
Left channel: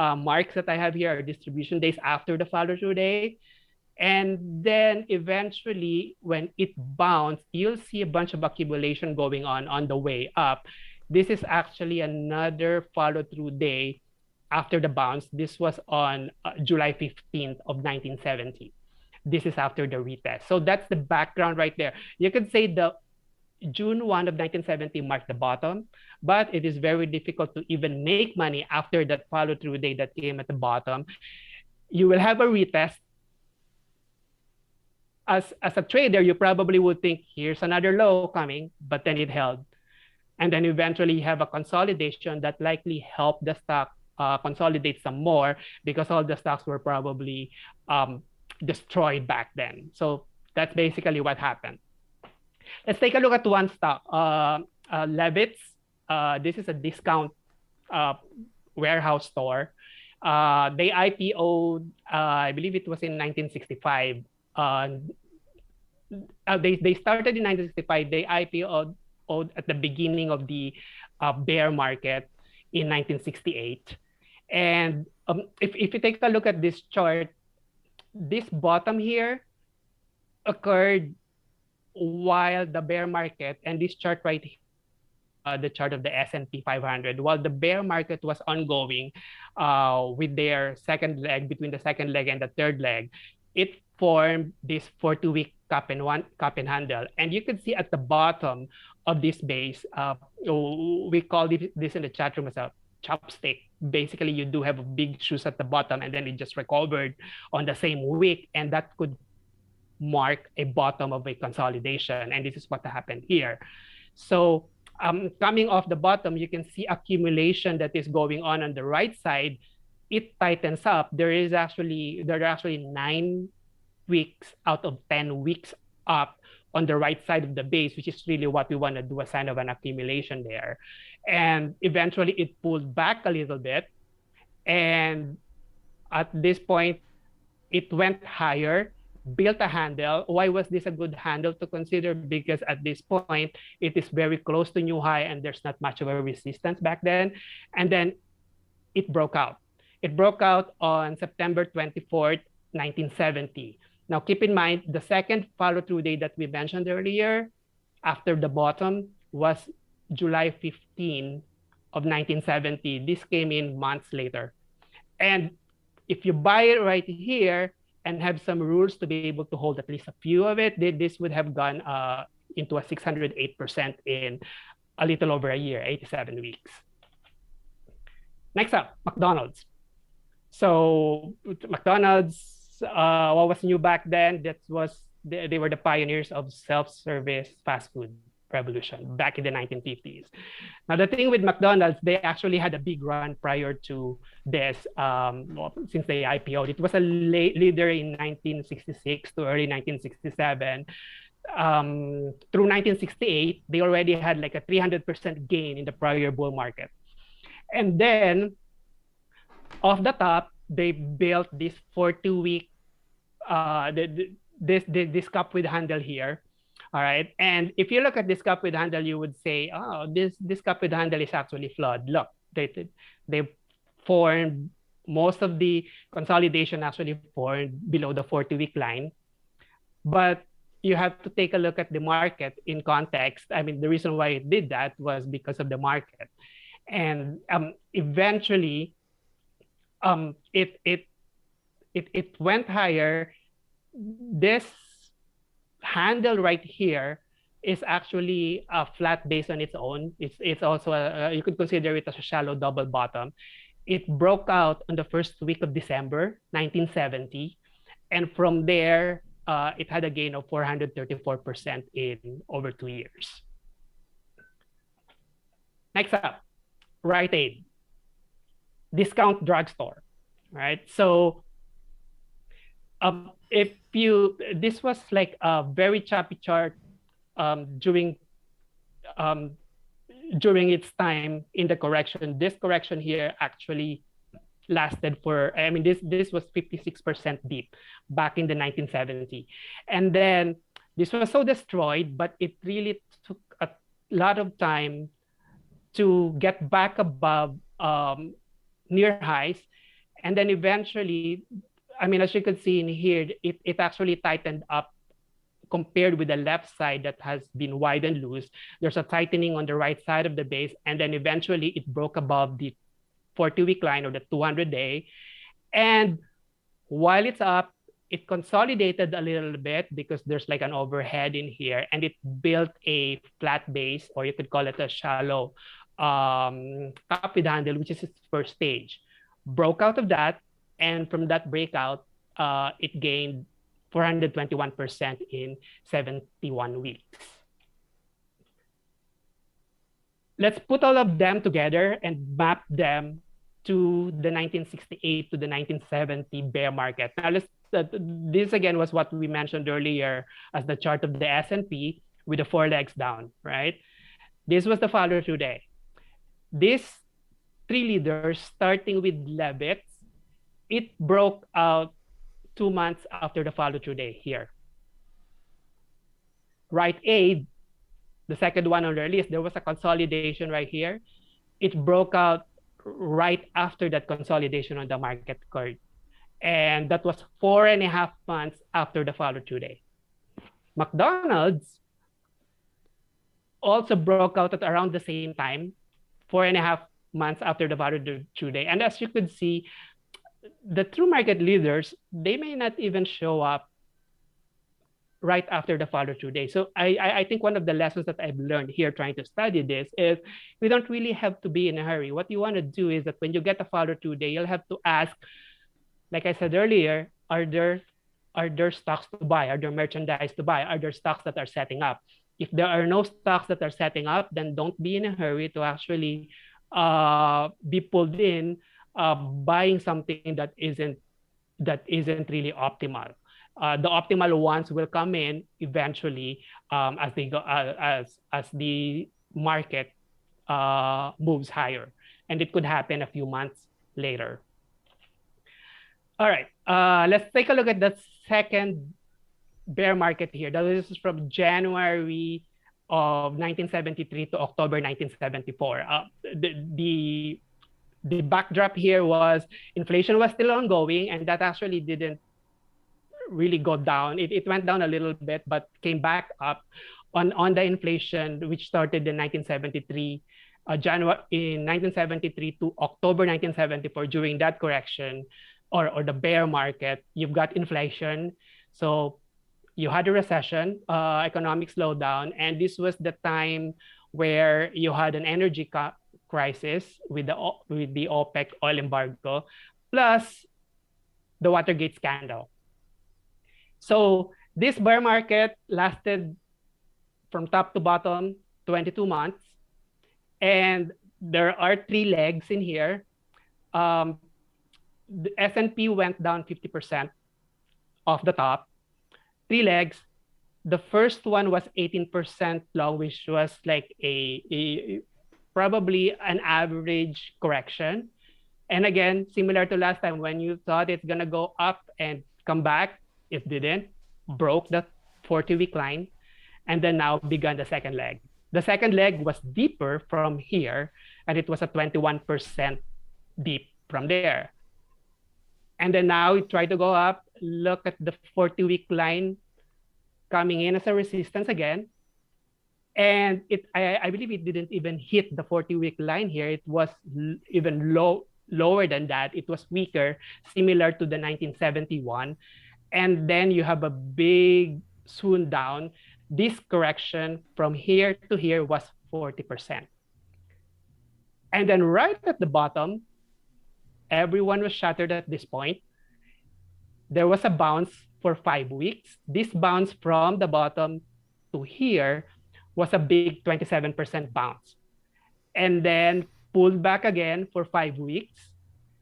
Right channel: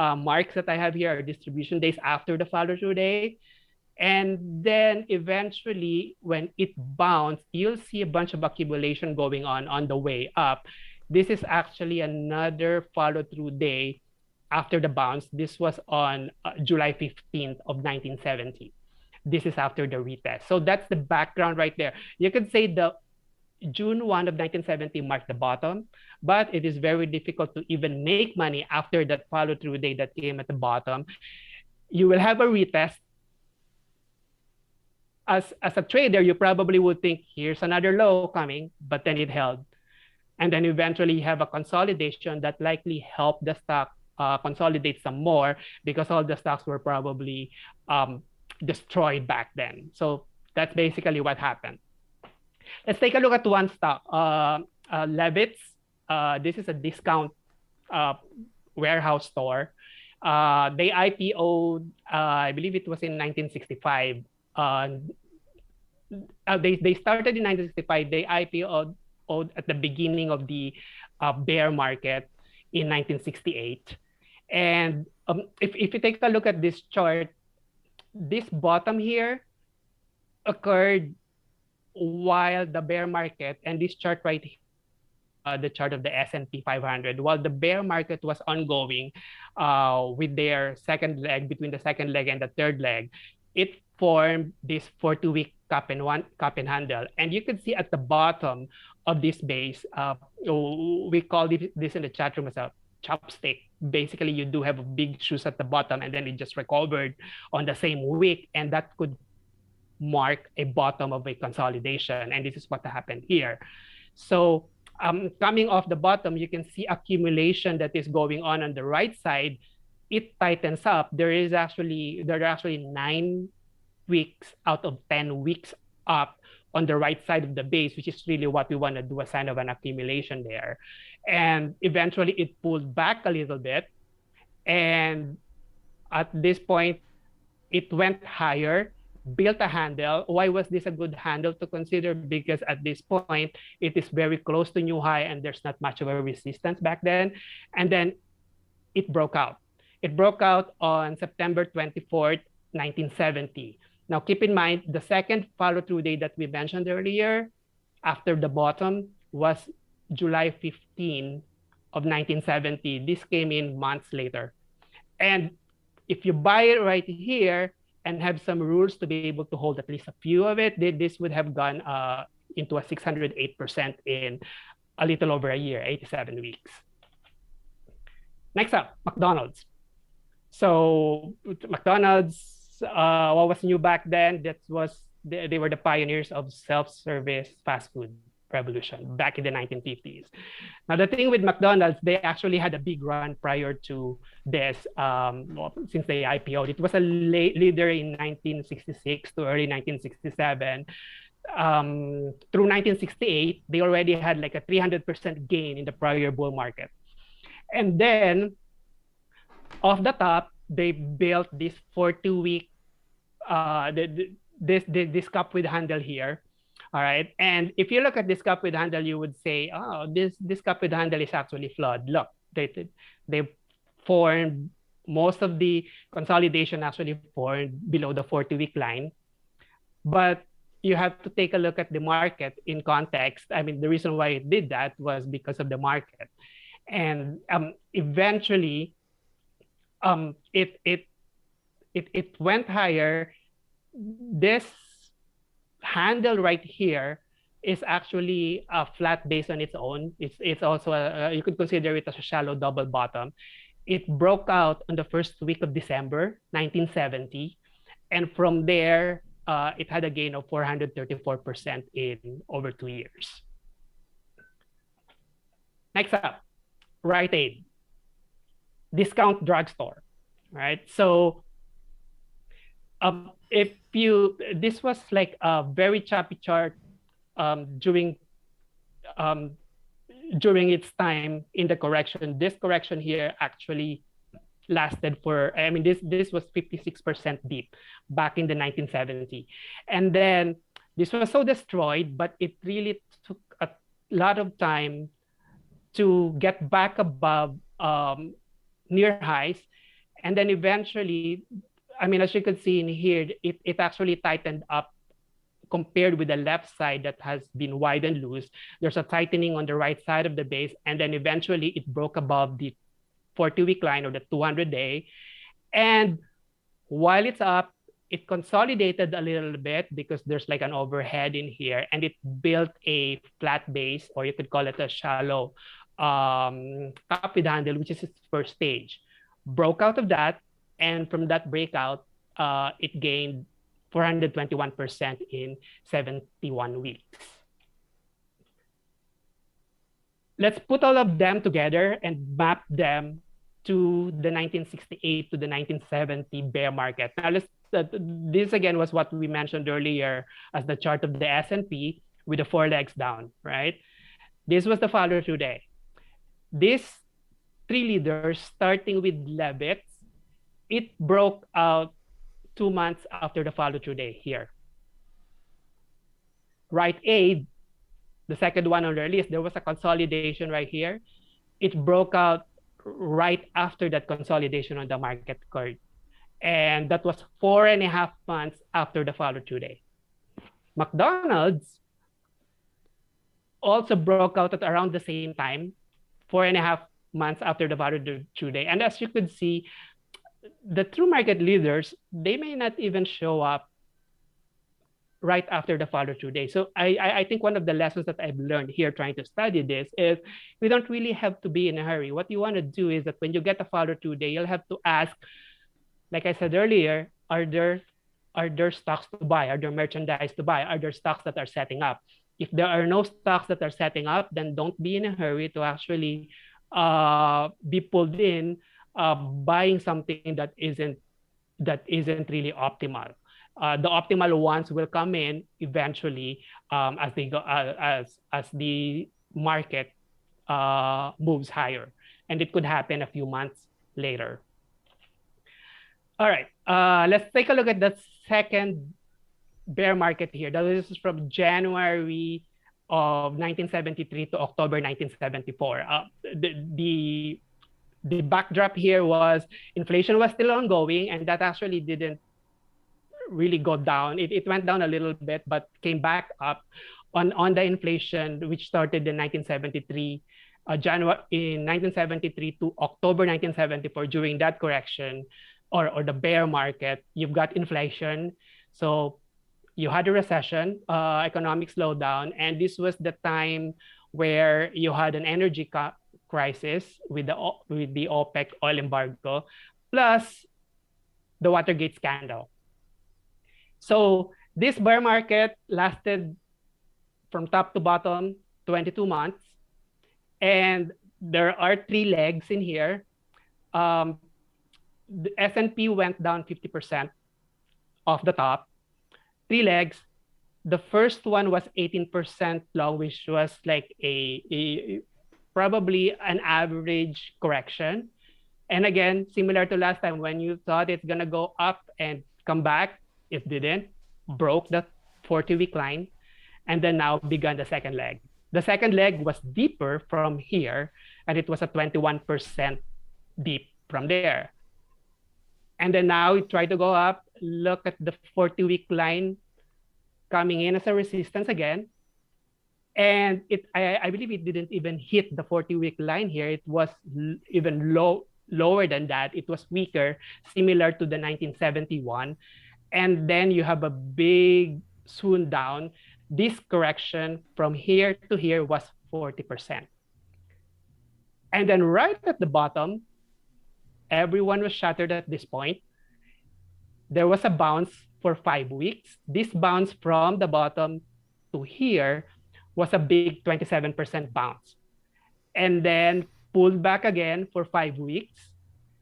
marks that I have here are distribution days after the follow-through day. And then eventually, when it bounced, you'll see a bunch of accumulation going on the way up. This is actually another follow-through day after the bounce. This was on July 15th of 1970. This is after the retest. So that's the background right there. You could say the June 1 of 1970 marked the bottom, but it is very difficult to even make money after that follow-through day that came at the bottom. You will have a retest. As a trader, you probably would think, here's another low coming, but then it held. And then eventually you have a consolidation that likely helped the stock consolidate some more because all the stocks were probably destroyed back then. So that's basically what happened. Let's take a look at one stock, Levitz. This is a discount warehouse store. They IPO'd, I believe it was in 1965. They started in 1965. They IPO'd at the beginning of the bear market in 1968. And if you take a look at this chart, this bottom here occurred while the bear market, and this chart right here, the chart of the S&P 500, while the bear market was ongoing with their second leg, between the second leg and the third leg, it formed this 42-week cup and handle. And you can see at the bottom of this base, we call this in the chat room as a chopstick. Basically, you do have big shoes at the bottom, and then it just recovered on the same week, and that could mark a bottom of a consolidation. And this is what happened here. So coming off the bottom, you can see accumulation that is going on the right side. It tightens up. There are actually 9 weeks out of 10 weeks up on the right side of the base, which is really what we want to do, a sign of an accumulation there. And eventually it pulled back a little bit. And at this point, it went higher, built a handle. Why was this a good handle to consider? Because at this point, it is very close to new high and there's not much of a resistance back then. And then it broke out. It broke out on September 24th, 1970. Now, keep in mind, the second follow-through day that we mentioned earlier, after the bottom, was July 15 of 1970. This came in months later. And if you buy it right here and have some rules to be able to hold at least a few of it, this would have gone into a 608% in a little over a year, 87 weeks. Next up, McDonald's. So McDonald's, what was new back then? They were the pioneers of self-service fast food revolution back in the 1950s. Now, the thing with McDonald's, they actually had a big run prior to this, since they IPO'd. It was a leader in 1966 to early 1967. Through 1968, they already had like a 300% gain in the prior bull market. And then, off the top, they built this 42-week, this cup with handle here. All right. And if you look at this cup with handle, you would say, oh, this cup with handle is actually flawed. Look, they formed, most of the consolidation actually formed below the 40-week line. But you have to take a look at the market in context. I mean, the reason why it did that was because of the market. And eventually, it went higher. This handle right here is actually a flat base on its own. It's also you could consider it as a shallow double bottom. It broke out on the first week of December 1970, and from there it had a gain of 434% in over 2 years. Next up, Rite Aid, discount drugstore, right? So if you, this was like a very choppy chart during its time in the correction. This correction here actually lasted for, I mean, this was 56% deep back in the 1970s. And then this was so destroyed, but it really took a lot of time to get back above near highs. And then eventually, I mean, as you can see in here, it actually tightened up compared with the left side that has been wide and loose. There's a tightening on the right side of the base, and then eventually it broke above the 40-week line or the 200-day. And while it's up, it consolidated a little bit because there's like an overhead in here, and it built a flat base, or you could call it a shallow top with handle, which is its first stage. Broke out of that, and from that breakout, it gained 421% in 71 weeks. Let's put all of them together and map them to the 1968 to the 1970 bear market. Now, this again was what we mentioned earlier as the chart of the S&P with the 4 legs down, right? This was the follow-through day. These 3 leaders, starting with Levitt, it broke out 2 months after the follow-through day here. Rite Aid, the second one on their list, there was a consolidation right here. It broke out right after that consolidation on the market curve. And that was 4.5 months after the follow-through day. McDonald's also broke out at around the same time, 4.5 months after the follow-through day. And as you could see, the true market leaders, they may not even show up right after the follow-through day. So I think one of the lessons that I've learned here trying to study this is we don't really have to be in a hurry. What you want to do is that when you get a follow-through day, you'll have to ask, like I said earlier, are there stocks to buy? Are there merchandise to buy? Are there stocks that are setting up? If there are no stocks that are setting up, then don't be in a hurry to actually be pulled in buying something that isn't really optimal. The optimal ones will come in eventually as they go as the market moves higher, and it could happen a few months later. All right, let's take a look at the second bear market here. This is from January of 1973 to October 1974. The backdrop here was inflation was still ongoing, and that actually didn't really go down. It went down a little bit, but came back up on the inflation, which started in 1973, January in 1973 to October 1974. During that correction or the bear market, you've got inflation. So you had a recession, economic slowdown, and this was the time where you had an energy crisis with the OPEC oil embargo, plus the Watergate scandal. So this bear market lasted from top to bottom 22 months, and there are 3 legs in here. The S&P went down 50% off the top. 3 legs. The first one was 18% long, which was like a probably an average correction. And again, similar to last time, when you thought it's gonna go up and come back, it didn't, broke the 40-week line, and then now began the second leg. The second leg was deeper from here, and it was a 21% deep from there. And then now it tried to go up. Look at the 40-week line coming in as a resistance again. And I believe it didn't even hit the 40-week line here. It was even lower than that. It was weaker, similar to the 1971. And then you have a big swoon down. this correction from here to here was 40%. And then right at the bottom, everyone was shattered at this point. There was a bounce for 5 weeks. This bounce from the bottom to here was a big 27% bounce. And then pulled back again for 5 weeks.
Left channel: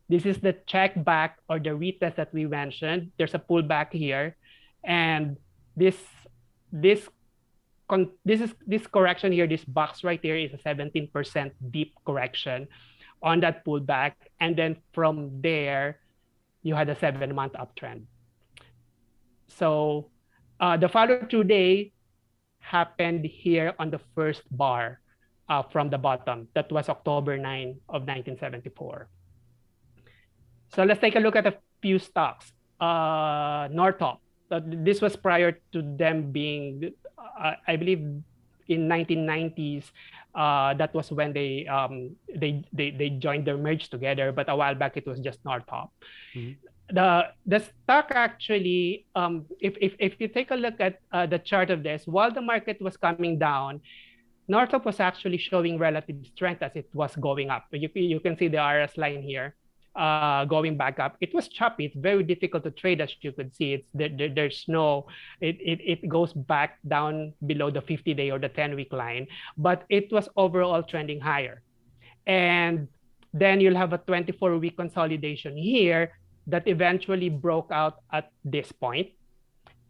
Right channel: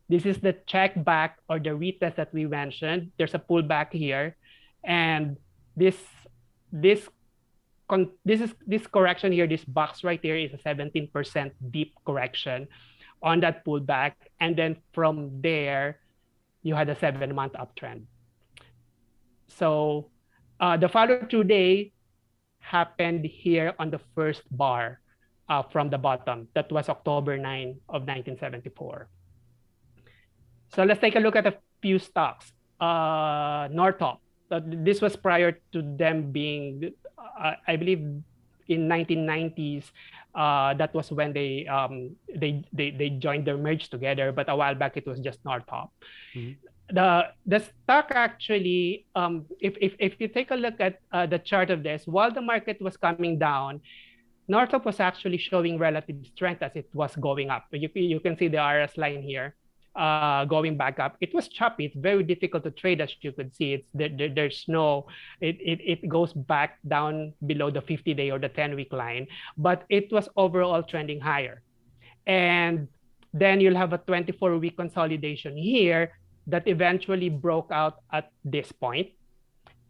This is the check back or the retest that we mentioned. There's a pullback here. And this correction here, this box right here is a 17% deep correction on that pullback. And then from there, you had a 7-month uptrend. So the follow-through day happened here on the first bar from the bottom. That was October 9 of 1974. So let's take a look at a few stocks. Northrop. This was prior to them being, I believe, in 1990s. That was when they joined their merge together. But a while back, it was just Northrop. Mm-hmm. The stock actually, if you take a look at the chart of this, while the market was coming down, Northrop was actually showing relative strength as it was going up. You can see the RS line here. Going back up. It was choppy. It's very difficult to trade, as you could see. There's no, it goes back down below the 50-day or the 10-week line, but it was overall trending higher. And then you'll have a 24-week consolidation here that eventually broke out at this point.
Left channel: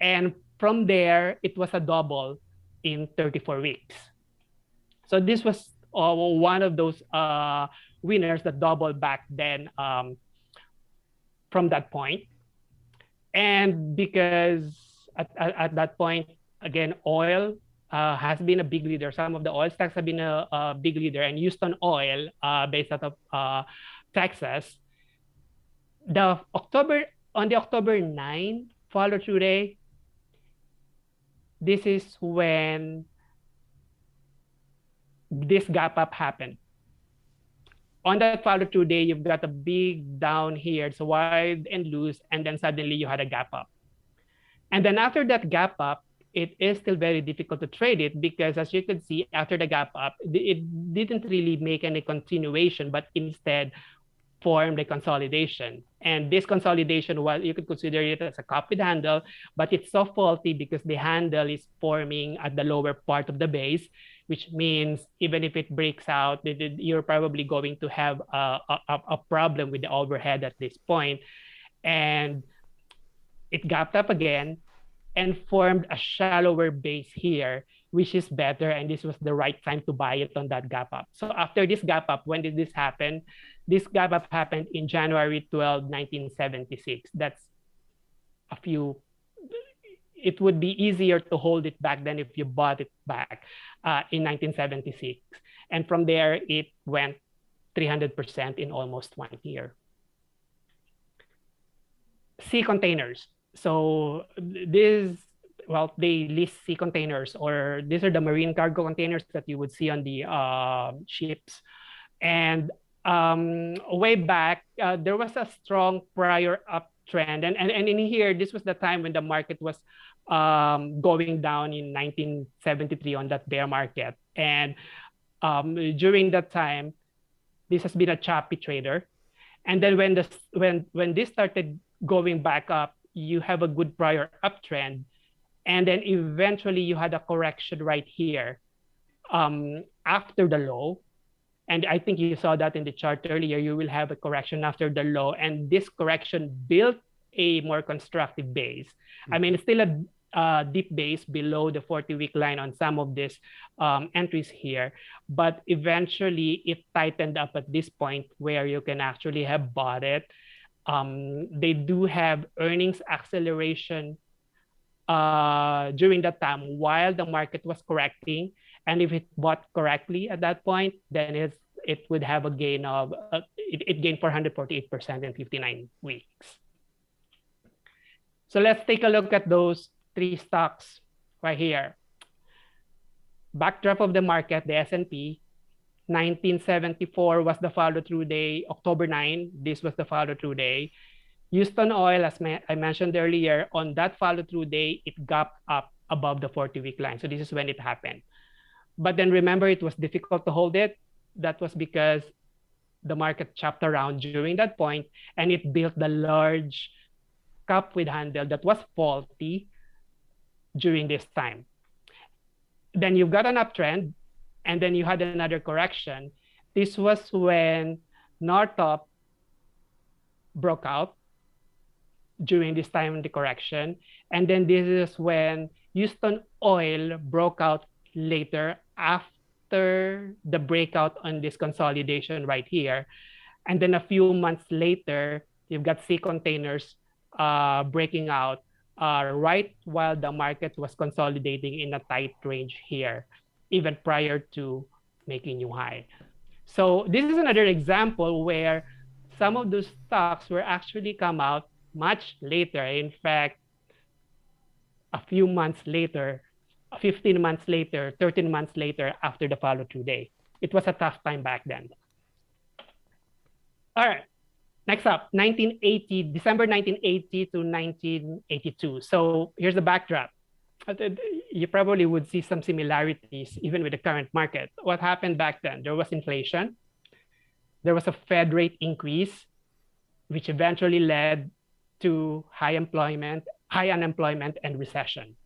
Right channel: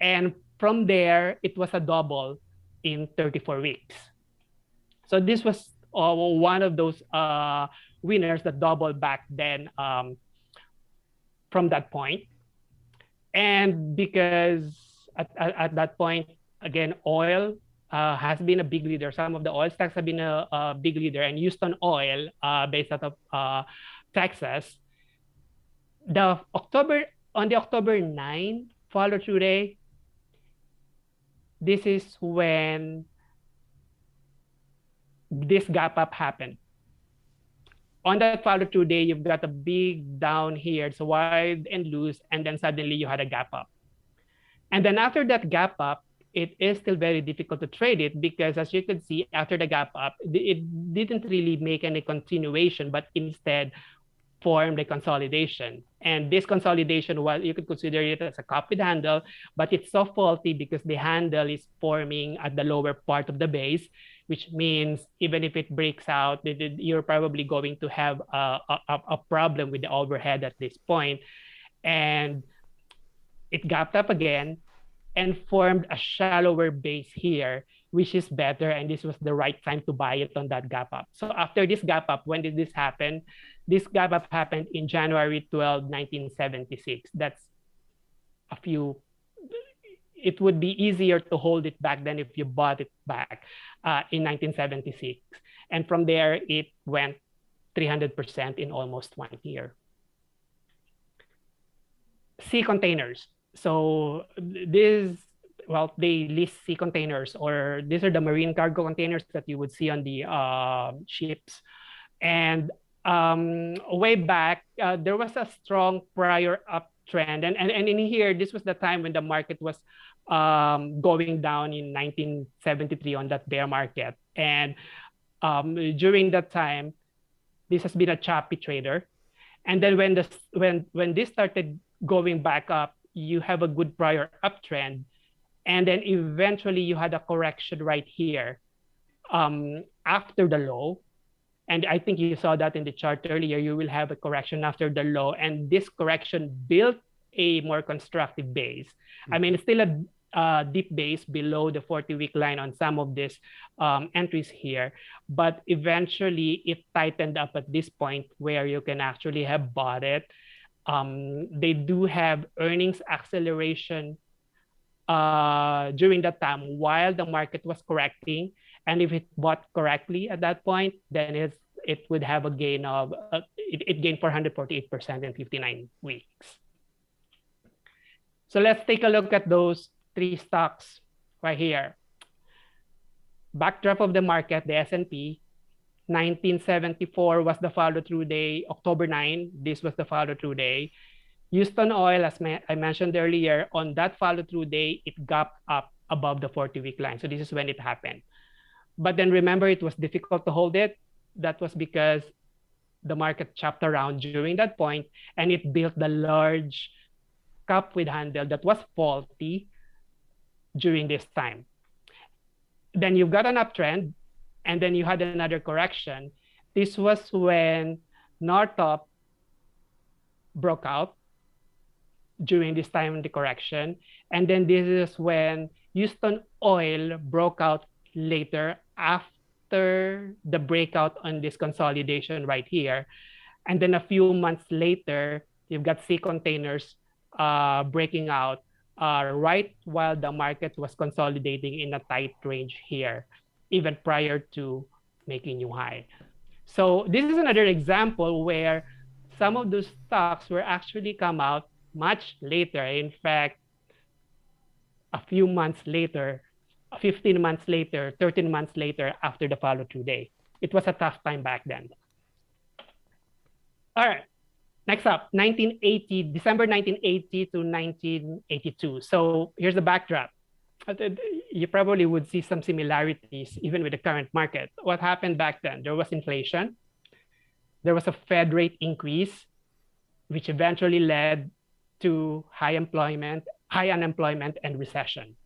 And from there, it was a double in 34 weeks. So this was one of those winners that doubled back then from that point. And because at that point, again, oil has been a big leader. Some of the oil stocks have been a big leader. And Houston Oil, based out of Texas, on the October 9 follow-through day, this is when this gap up happened. On that follow-through day, you've got a big down here. It's wide and loose, and then suddenly you had a gap up. And then after that gap up, it is still very difficult to trade it because, as you can see, after the gap up, it didn't really make any continuation, but instead formed a consolidation. And this consolidation, well, you could consider it as a cup with handle, but it's so faulty because the handle is forming at the lower part of the base, which means even if it breaks out, you're probably going to have a problem with the overhead at this point. And it gapped up again and formed a shallower base here, which is better. And this was the right time to buy it on that gap up. So after this gap up, when did this happen? This gap up happened in January 12, 1976. That's a few. It would be easier to hold it back than if you bought it back in 1976. And from there, it went 300% in almost 1 year. Sea containers. So this, well, they list sea containers, or these are the marine cargo containers that you would see on the ships. And way back, there was a strong prior uptrend. And in here, this was the time when the market was going down in 1973 on that bear market. And during that time, this has been a choppy trader. And then when this started going back up, you have a good prior uptrend. And then eventually you had a correction right here after the low. And I think you saw that in the chart earlier. You will have a correction after the low. And this correction built a more constructive base. Mm-hmm. I mean, it's still a deep base below the 40-week line on some of these entries here. But eventually, it tightened up at this point where you can actually have bought it. They do have earnings acceleration during that time while the market was correcting. And if it bought correctly at that point, then it would have a gain of, it gained 448% in 59 weeks. So let's take a look at those 3 stocks right here. Backdrop of the market, the S&P, 1974 was the follow-through day. October 9, this was the follow-through day. Houston Oil, as I mentioned earlier, on that follow-through day, it gapped up above the 40-week line. So this is when it happened. But then remember, it was difficult to hold it. That was because the market chopped around during that point, and it built the large cup with handle that was faulty during this time. Then you've got an uptrend, and then you had another correction. This was when Northrop broke out during this time in the correction. And then this is when Houston Oil broke out later after the breakout on this consolidation right here. And then a few months later, you've got Sea Containers breaking out right while the market was consolidating in a tight range here, even prior to making new high. So this is another example where some of those stocks were actually come out much later. In fact, a few months later, 15 months later, 13 months later after the follow-through day. It was a tough time back then. All right, next up, December 1980 to 1982. So here's the backdrop. You probably would see some similarities even with the current market. What happened back then? There was inflation. There was a Fed rate increase, which eventually led to high unemployment, and recession.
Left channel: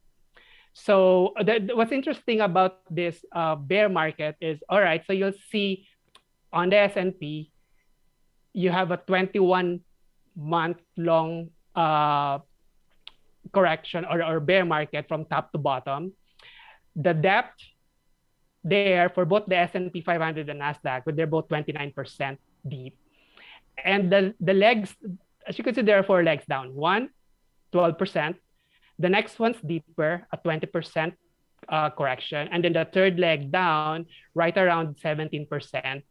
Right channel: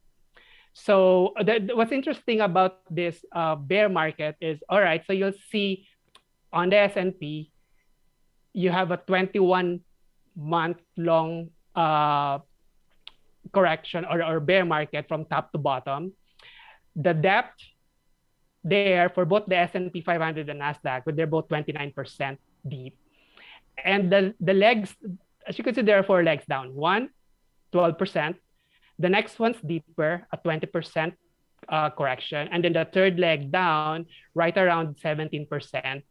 So what's interesting about this bear market is, all right, so you'll see on the S&P, you have a 21-month-long correction or bear market from top to bottom. The depth there for both the S&P 500 and NASDAQ, but they're both 29% deep. And the legs, as you can see, there are 4 legs down. One, 12%. The next one's deeper, a 20% correction. And then the third leg down, right around 17%.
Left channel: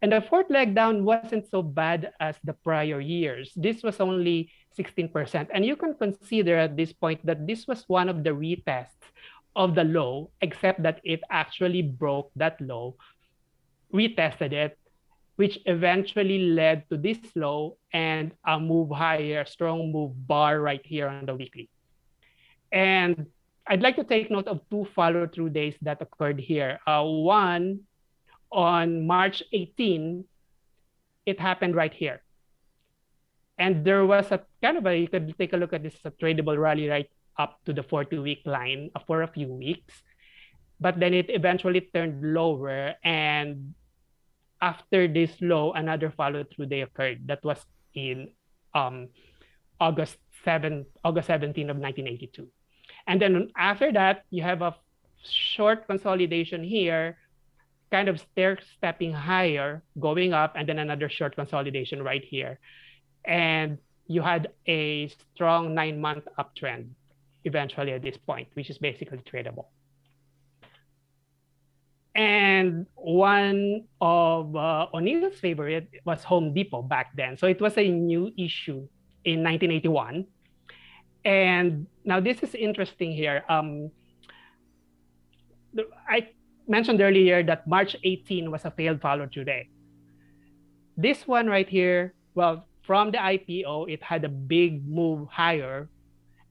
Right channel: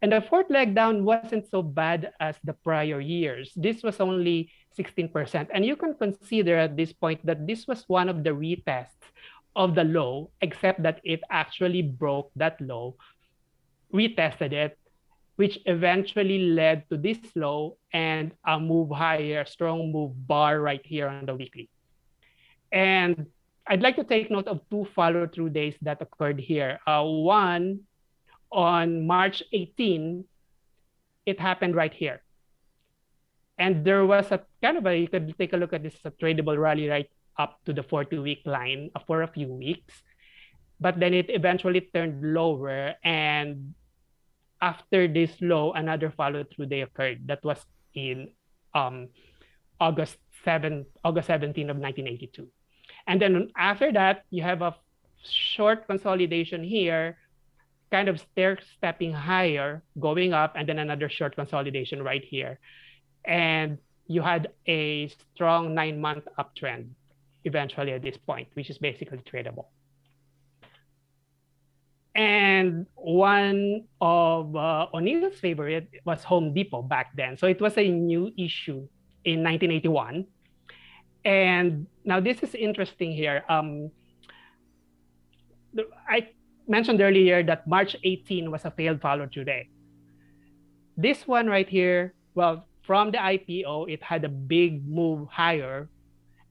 And the fourth leg down wasn't so bad as the prior years. This was only 16%. And you can consider at this point that this was one of the retests of the low, except that it actually broke that low, retested it, which eventually led to this low and a move higher, strong move bar right here on the weekly. And I'd like to take note of 2 follow-through days that occurred here. One, on March 18, it happened right here. And there was a kind of you could take a look at this, a tradable rally right up to the 40-week line for a few weeks. But then it eventually turned lower. And after this low, another follow-through day occurred. That was in August 17 of 1982. And then after that, you have a short consolidation here, kind of stair-stepping higher, going up, and then another short consolidation right here. And you had a strong 9-month uptrend eventually at this point, which is basically tradable. And one of O'Neill's favorite was Home Depot back then. So it was a new issue in 1981. And now this is interesting here. I mentioned earlier that March 18 was a failed follow-through day. This one right here, well, from the IPO, it had a big move higher,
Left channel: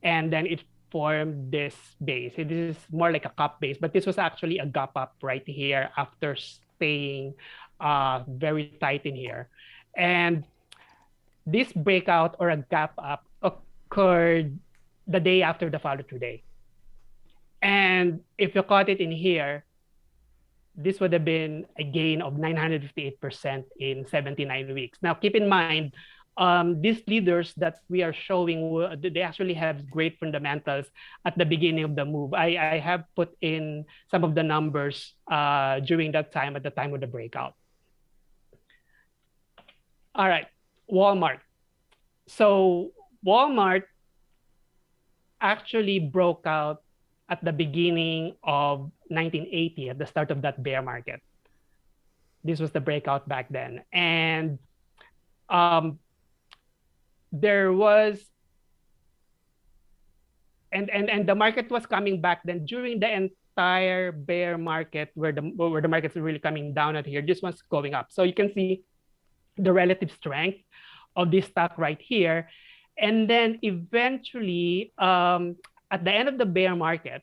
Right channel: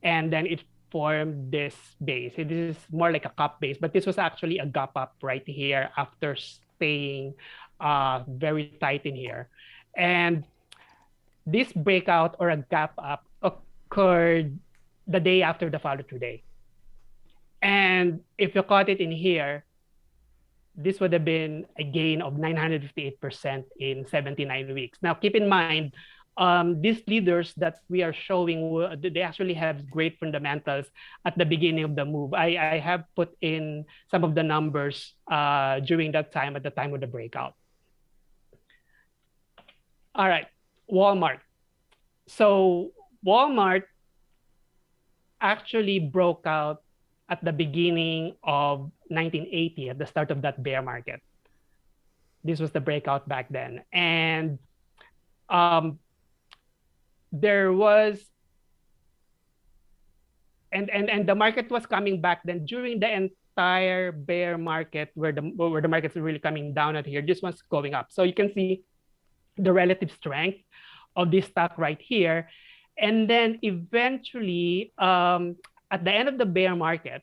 and then it formed this base. This is more like a cup base, but this was actually a gap up right here after staying very tight in here. And this breakout or a gap up occurred the day after the follow-through day. And if you caught it in here, this would have been a gain of 958% in 79 weeks. Now, keep in mind, these leaders that we are showing, they actually have great fundamentals at the beginning of the move. I have put in some of the numbers during that time, at the time of the breakout. All right, Walmart. So Walmart actually broke out at the beginning of 1980, at the start of that bear market. This was the breakout back then. And there was, and the market was coming back then during the entire bear market where the markets are really coming down at here. This one's going up. So you can see the relative strength of this stock right here. And then eventually, at the end of the bear market,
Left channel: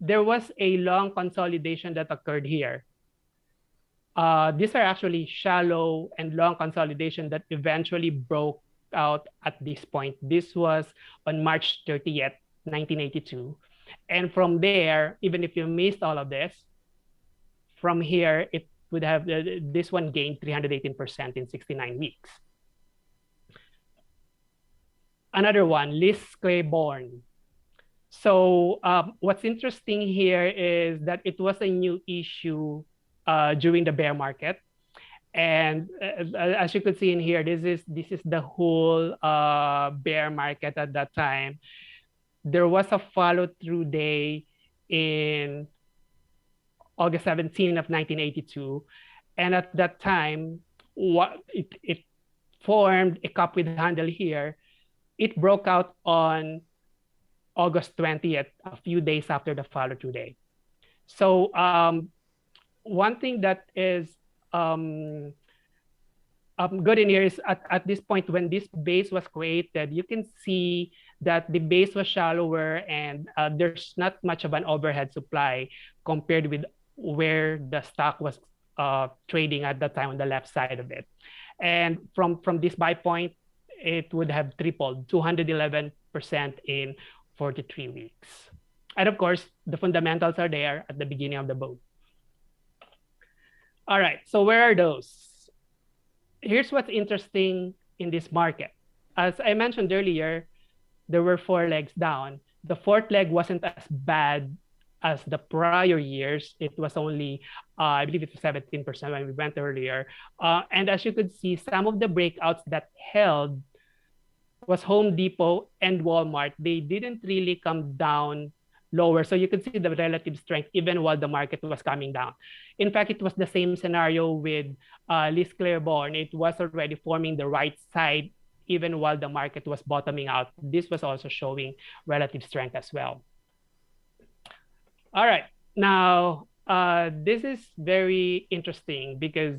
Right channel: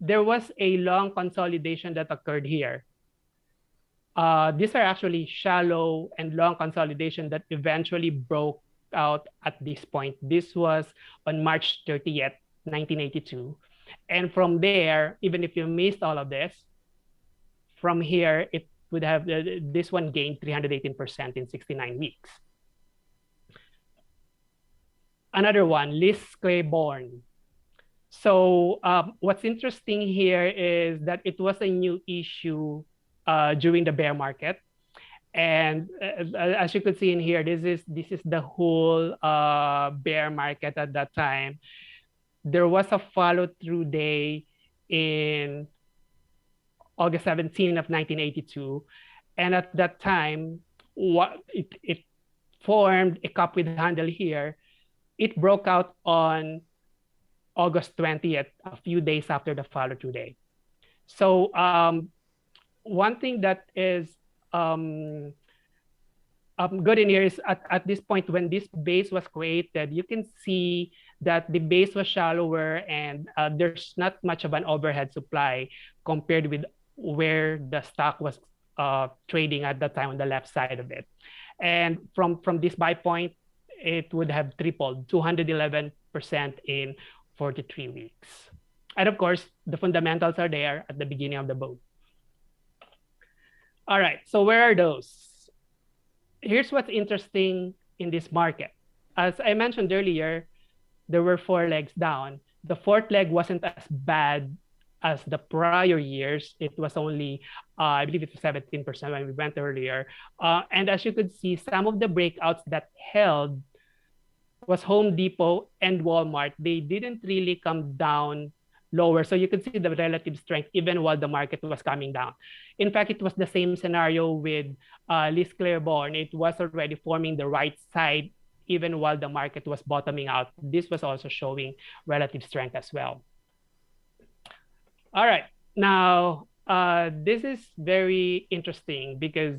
there was a long consolidation that occurred here. These are actually shallow and long consolidation that eventually broke out at this point. This was on March 30th, 1982. And from there, even if you missed all of this, from here, it would have, this one gained 318% in 69 weeks. Another one, Liz Claiborne. So what's interesting here is that it was a new issue during the bear market. And as you could see in here, this is the whole bear market at that time. There was a follow-through day in August 17 of 1982. And at that time, it formed a cup with handle here. It broke out on August 20th, a few days after the follow-through day. So one thing that is good in here is at this point, when this base was created, you can see that the base was shallower and there's not much of an overhead supply compared with where the stock was trading at that time on the left side of it. And from this buy point, it would have tripled, 211% in 43 weeks. And of course, the fundamentals are there at the beginning of the boat. All right, so where are those? Here's what's interesting in this market. As I mentioned earlier, there were 4 legs down. The 4th leg wasn't as bad as the prior years. It was only, I believe it was 17% when we went earlier. And as you could see, some of the breakouts that held was Home Depot and Walmart. They didn't really come down lower. So you could see the relative strength even while the market was coming down. In fact, it was the same scenario with Liz Claiborne. It was already forming the right side even while the market was bottoming out. This was also showing relative strength as well. All right, now this is very interesting because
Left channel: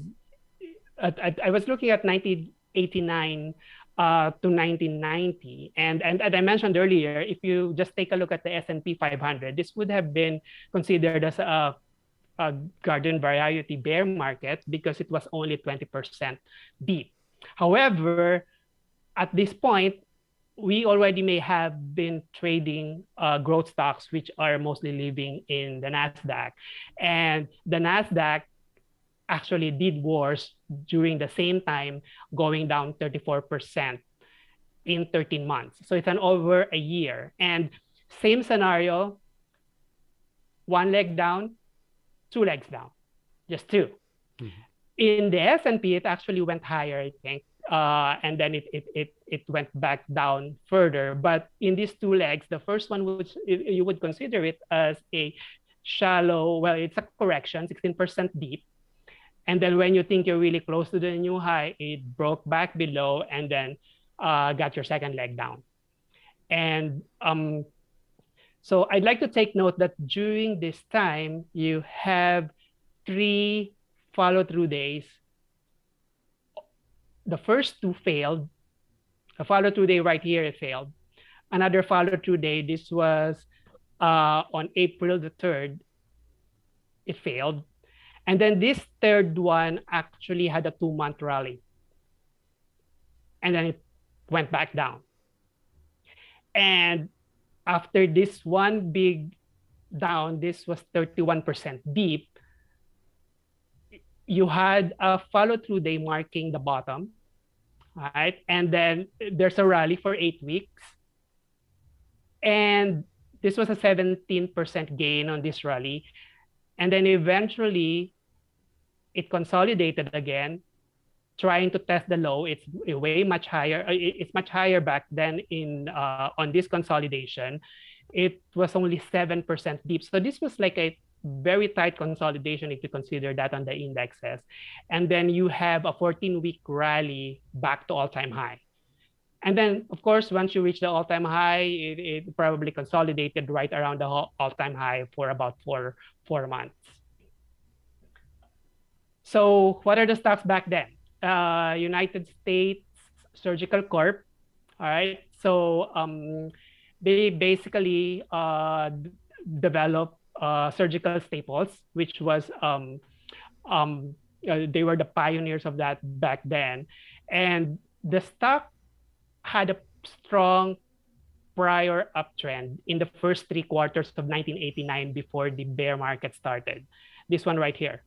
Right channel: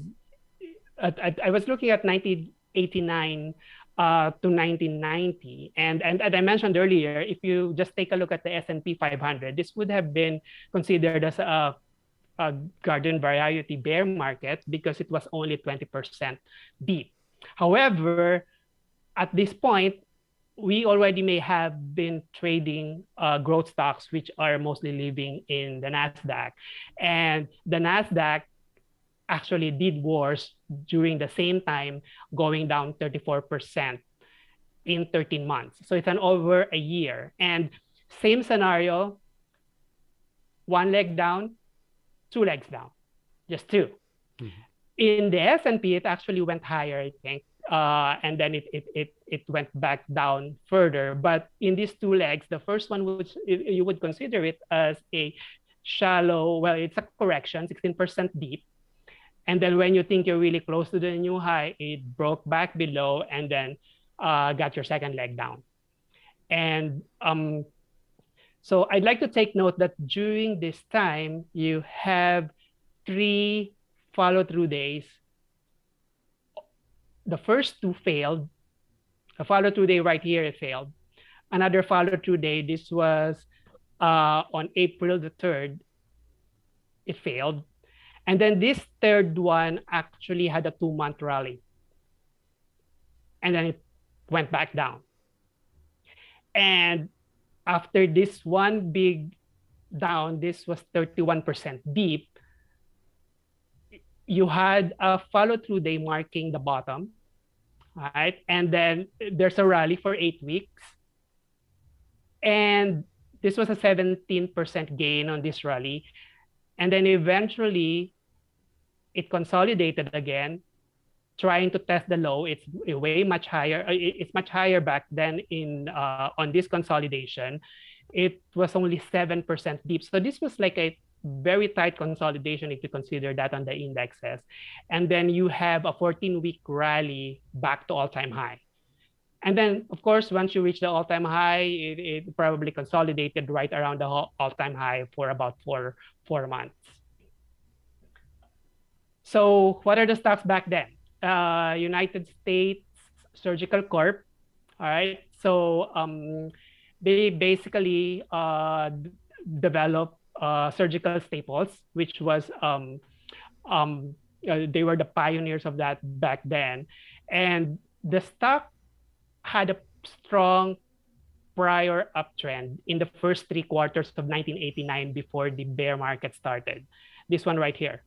I was looking at 1989 to 1990. And as I mentioned earlier, if you just take a look at the S&P 500, this would have been considered as a garden variety bear market because it was only 20% deep. However, at this point, we already may have been trading growth stocks, which are mostly living in the NASDAQ. And the NASDAQ actually did worse during the same time, going down 34% in 13 months. So it's an over a year. And same scenario, 1 leg down, 2 legs down, just 2. Mm-hmm. In the S&P, it actually went higher, I think. And then it went back down further. But in these 2 legs, the first one, which you would consider it as a shallow, well, it's a correction, 16% deep. And then when you think you're really close to the new high, it broke back below and then got your second leg down. And so I'd like to take note that during this time, you have 3 follow-through days. The first 2 failed. A follow-through day right here, it failed. Another follow-through day, this was on April the 3rd, it failed. And then this 3rd one actually had a 2-month rally. And then it went back down. And after this one big down, this was 31% deep. You had a follow-through day marking the bottom, right? And then there's a rally for 8 weeks. And this was a 17% gain on this rally. And then eventually, it consolidated again, trying to test the low. It's way much higher. It's much higher back then on this consolidation. It was only 7% deep. So this was like a very tight consolidation if you consider that on the indexes. And then you have a 14-week rally back to all-time high. And then, of course, once you reach the all-time high, it probably consolidated right around the all-time high for about four months. So what are the stocks back then? United States Surgical Corp. All right. So they basically develop surgical staples, which was they were the pioneers of that back then. And the stock had a strong prior uptrend in the first 3 quarters of 1989 before the bear market started. This one right here.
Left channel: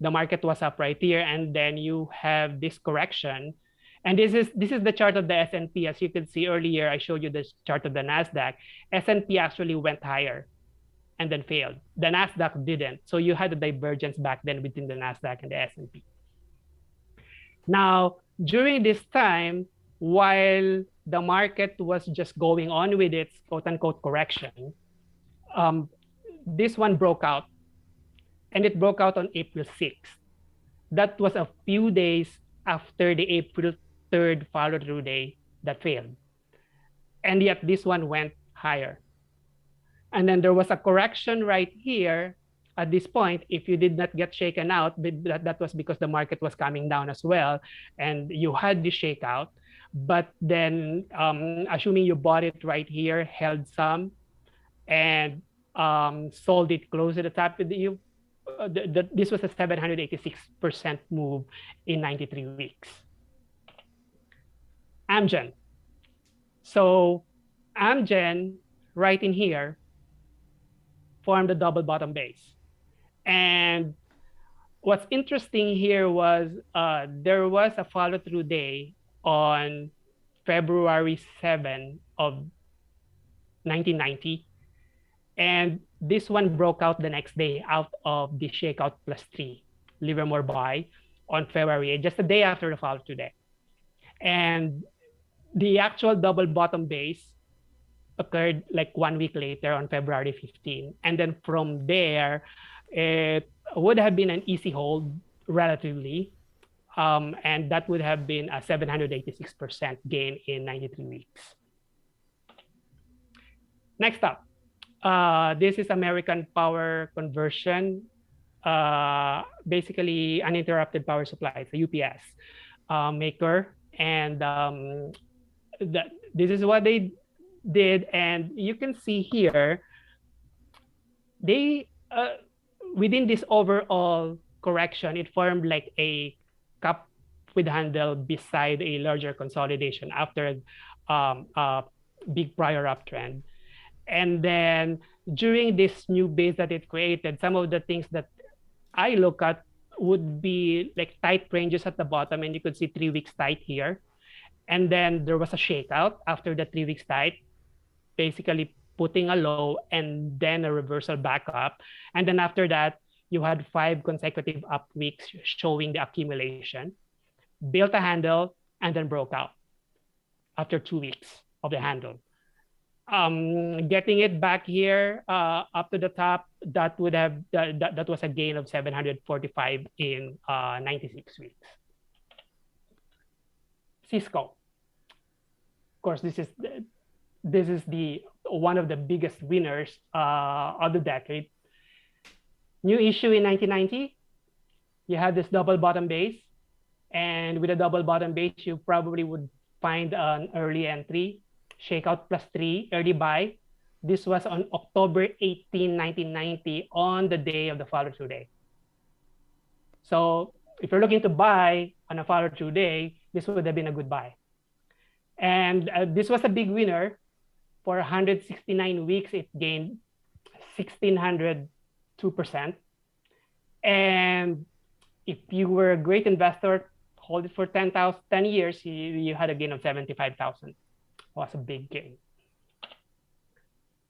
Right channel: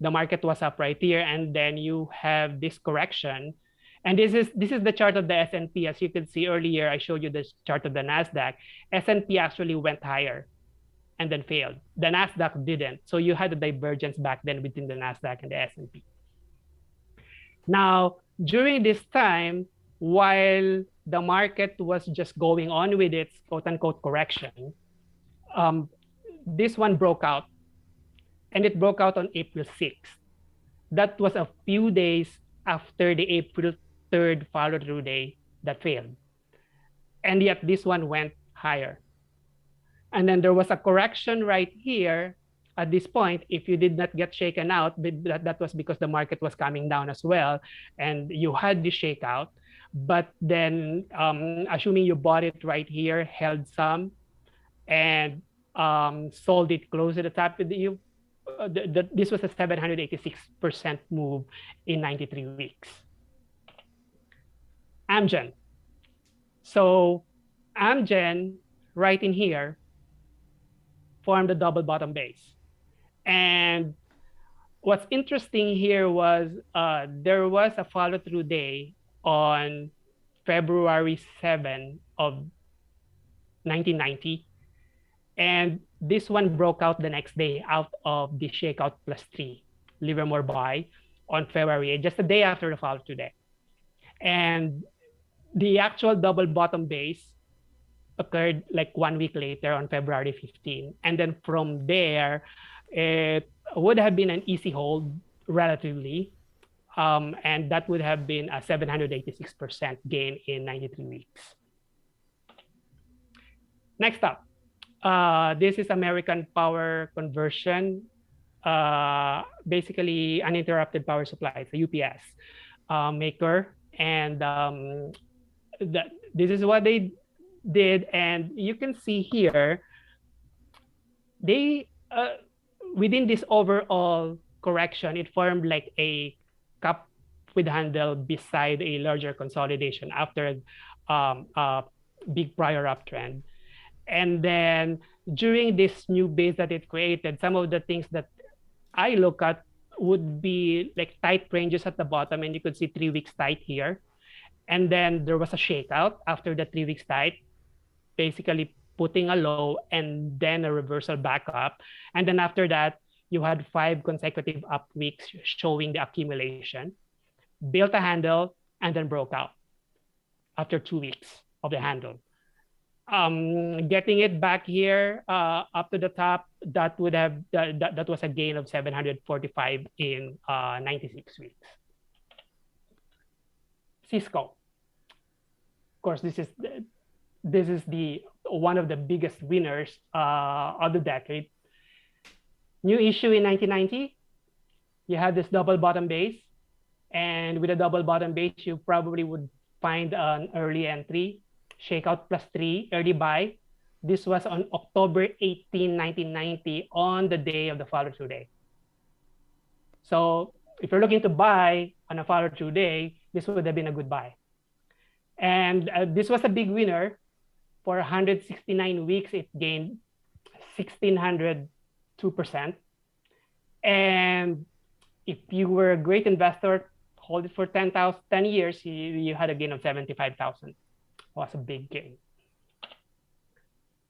The market was up right here, and then you have this correction. And this is the chart of the S&P. As you can see earlier, I showed you this chart of the NASDAQ. S&P actually went higher and then failed. The NASDAQ didn't. So you had a divergence back then between the NASDAQ and the S&P. Now, during this time, while the market was just going on with its quote-unquote correction, this one broke out. And it broke out on April 6th. That was a few days after the April 3rd follow-through day that failed. And yet this one went higher. And then there was a correction right here at this point. If you did not get shaken out, that was because the market was coming down as well. And you had this shakeout. But then assuming you bought it right here, held some, and sold it close to the top, this was a 786% move in 93 weeks. Amgen. So Amgen, right in here, formed a double bottom base. And what's interesting here was there was a follow-through day on February 7 of 1990. And this one broke out the next day out of the shakeout +3 Livermore buy on February 8, just a day after the follow-through day. And the actual double bottom base occurred like 1 week later on February 15. And then from there, it would have been an easy hold relatively. And that would have been a 786% gain in 93 weeks. Next up. This is American Power Conversion, basically uninterrupted power supply, it's a UPS maker. And this is what they did. And you can see here, they within this overall correction, it formed like a cup with handle beside a larger consolidation after a big prior uptrend. And then during this new base that it created, some of the things that I look at would be like tight ranges at the bottom, and you could see 3 weeks tight here. And then there was a shakeout after the 3 weeks tight, basically putting a low and then a reversal back up. And then after that, you had 5 consecutive up weeks showing the accumulation, built a handle, and then broke out after 2 weeks of the handle. Getting it back here up to the top, that would have that was a gain of 745 in 96 weeks. Cisco, of course, this is the one of the biggest winners of the decade. New issue in 1990, you had this double bottom base, and with a double bottom base, you probably would find an early entry. Shakeout +3, early buy. This was on October 18, 1990, on the day of the follow-through day. So if you're looking to buy on a follow-through day, this would have been a good buy. And this was a big winner. For 169 weeks, it gained 1,602%. And if you were a great investor, hold it for 10 years, you had a gain of 75,000. Was a big gain.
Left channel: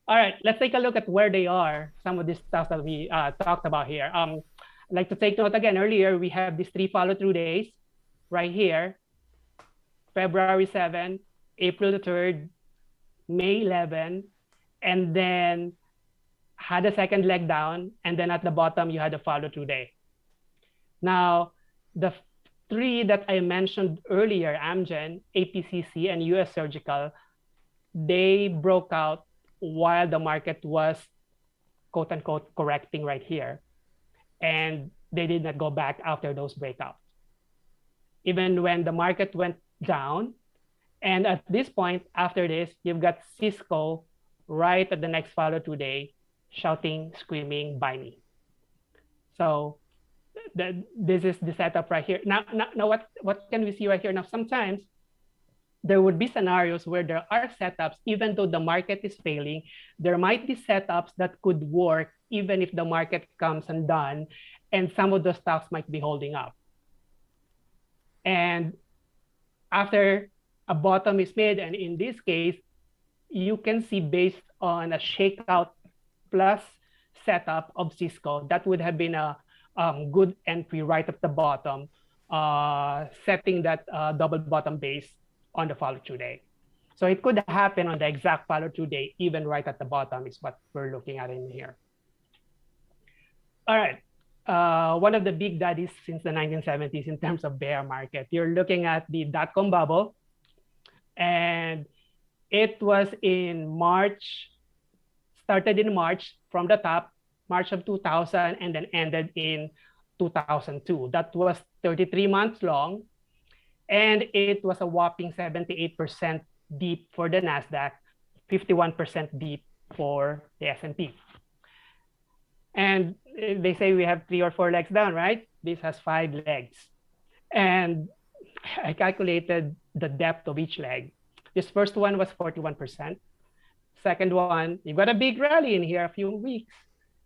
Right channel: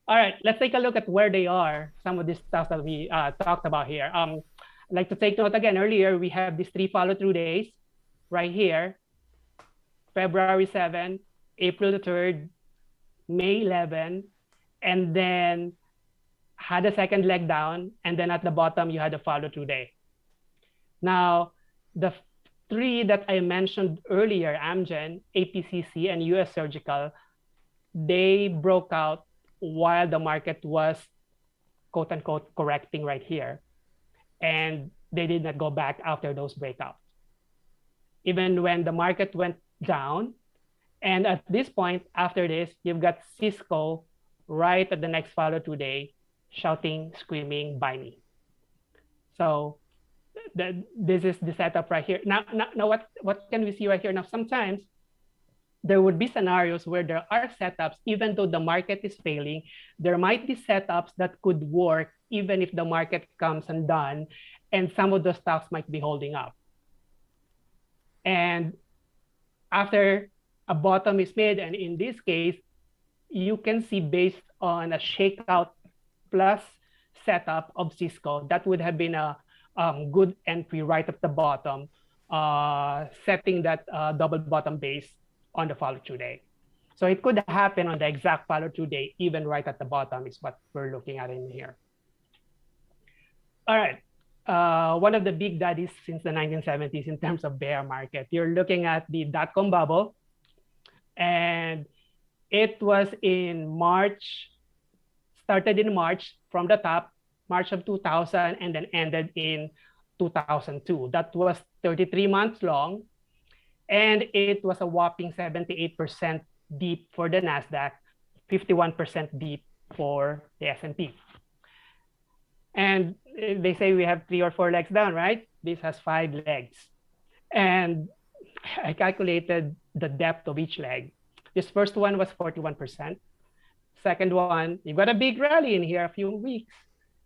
All right, let's take a look at where they are. Some of this stuff that we talked about here. I'd like to take note again. Earlier, we have these 3 follow-through days right here. February 7, April the 3rd, May 11, and then had a second leg down. And then at the bottom, you had a follow-through day. Now, the 3 that I mentioned earlier, Amgen, APCC, and US Surgical, they broke out while the market was quote-unquote correcting right here. And they did not go back after those breakouts. Even when the market went down, and at this point, after this, you've got Cisco right at the next follow-through day, shouting, screaming, buy me. So this is the setup right here. Now what can we see right here? Now, sometimes there would be scenarios where there are setups, even though the market is failing, there might be setups that could work even if the market comes undone, and some of the stocks might be holding up. And after a bottom is made, and in this case, you can see based on a shakeout plus setup of Cisco, that would have been a good entry right at the bottom, setting that double bottom base on the follow-through day. So it could happen on the exact follow-through day, even right at the bottom is what we're looking at in here. All right. One of the big daddies since the 1970s in terms of bear market. You're looking at the dot-com bubble, and it was in March, started in March from the top, March of 2000, and then ended in 2002. That was 33 months long, and it was a whopping 78% deep for the NASDAQ, 51% deep for the S&P. And they say we have 3 or 4 legs down, right? This has 5 legs. And I calculated the depth of each leg. This first one was 41%. Second one, you got a big rally in here a few weeks.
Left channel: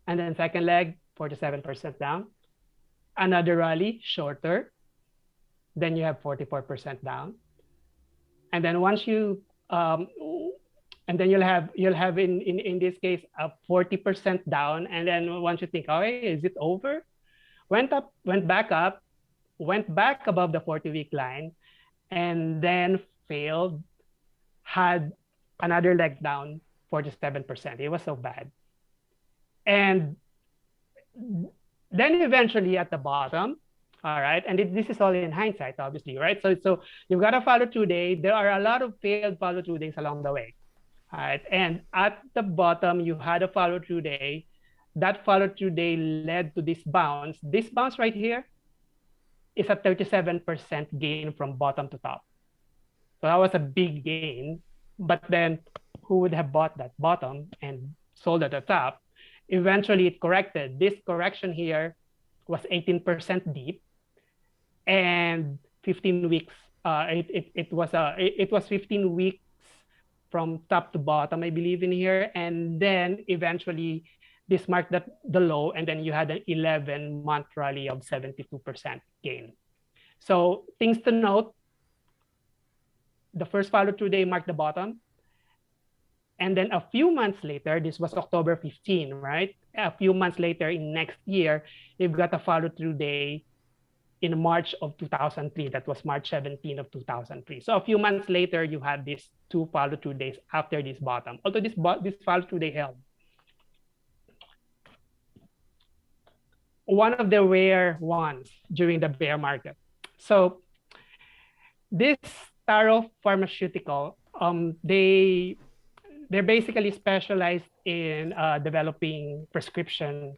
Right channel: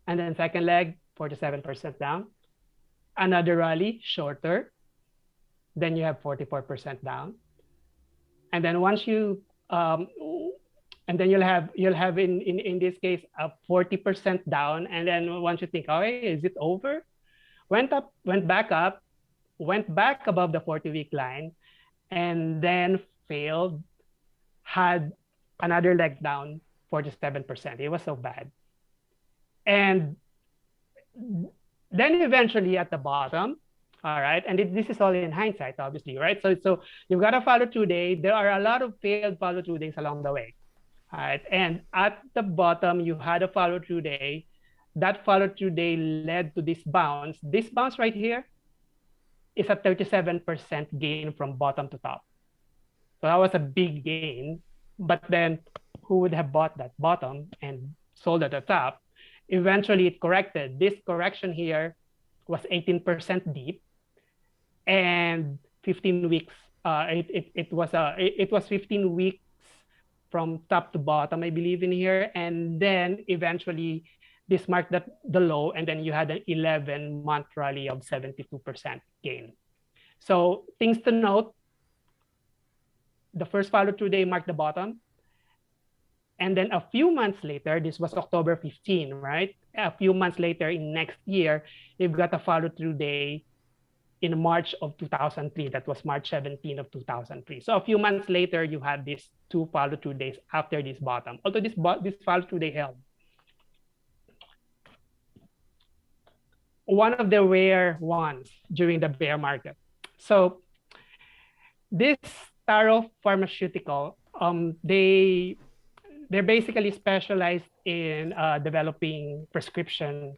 And then second leg, 47% down. Another rally, shorter. Then you have 44% down. And then once you, and then you'll have in this case a 40% down. And then once you think, oh, hey, is it over? Went up, went back up, went back above the 40-week line, and then failed, had another leg down, 47%. It was so bad. And then eventually at the bottom, all right, and this is all in hindsight, obviously, right? So you've got a follow-through day. There are a lot of failed follow-through days along the way, all right? And at the bottom, you had a follow-through day. That follow-through day led to this bounce. This bounce right here is a 37% gain from bottom to top. So that was a big gain. But then who would have bought that bottom and sold at the top? Eventually it corrected. This correction here was 18% deep, and 15 weeks. It was 15 weeks from top to bottom, I believe, in here, and then eventually this marked the low, and then you had an 11-month rally of 72% gain. So things to note: the first follow-through day marked the bottom. And then a few months later, this was October 15, right? A few months later in next year, you've got a follow-through day in March of 2003. That was March 17 of 2003. So a few months later, you had these 2 follow-through days after this bottom. Although this follow-through day held. One of the rare ones during the bear market. So this Taro Pharmaceutical, they're basically specialized in developing prescription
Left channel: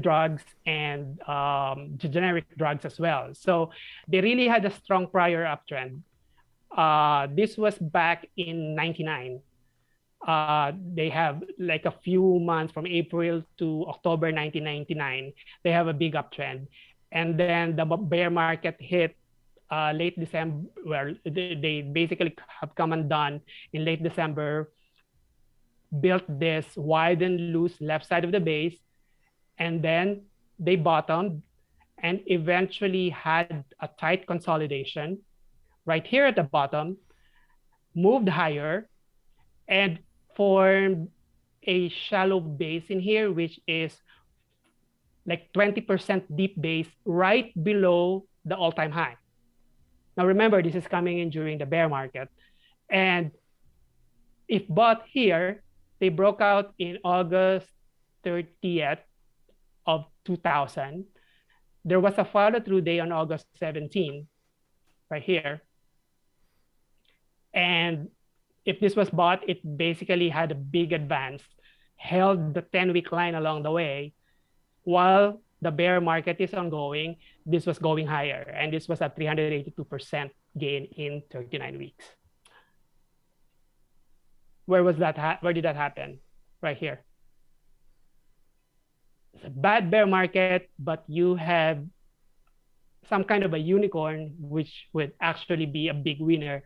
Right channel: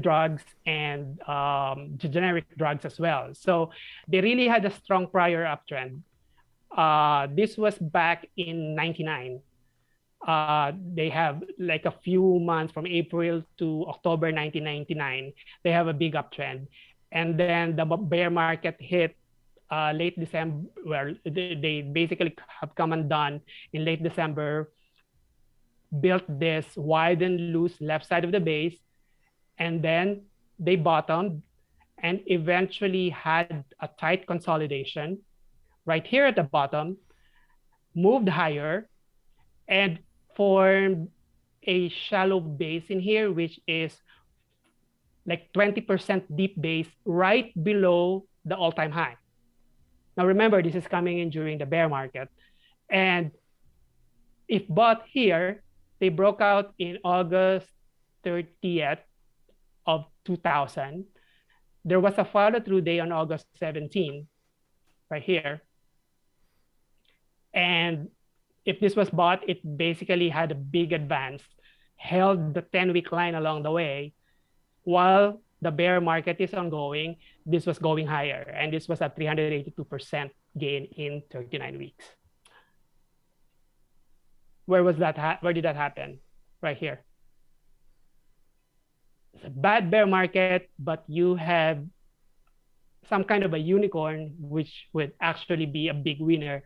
drugs and generic drugs as well. So they really had a strong prior uptrend. This was back in '99. They have like a few months from April to October 1999. They have a big uptrend. And then the bear market hit late December, where they basically have come undone in late December, built this wide and loose left side of the base, and then they bottomed and eventually had a tight consolidation right here at the bottom, moved higher, and formed a shallow base in here, which is like 20% deep base right below the all-time high. Now remember, this is coming in during the bear market. And if bought here, they broke out in August 30th of 2000. There was a follow-through day on August 17, right here. And if this was bought, it basically had a big advance, held the 10-week line along the way, while the bear market is ongoing. This was going higher, and this was a 382% gain in 39 weeks. Where was that? Where did that happen? Right here. it's a bad bear market, but you have some kind of a unicorn, which would actually be a big winner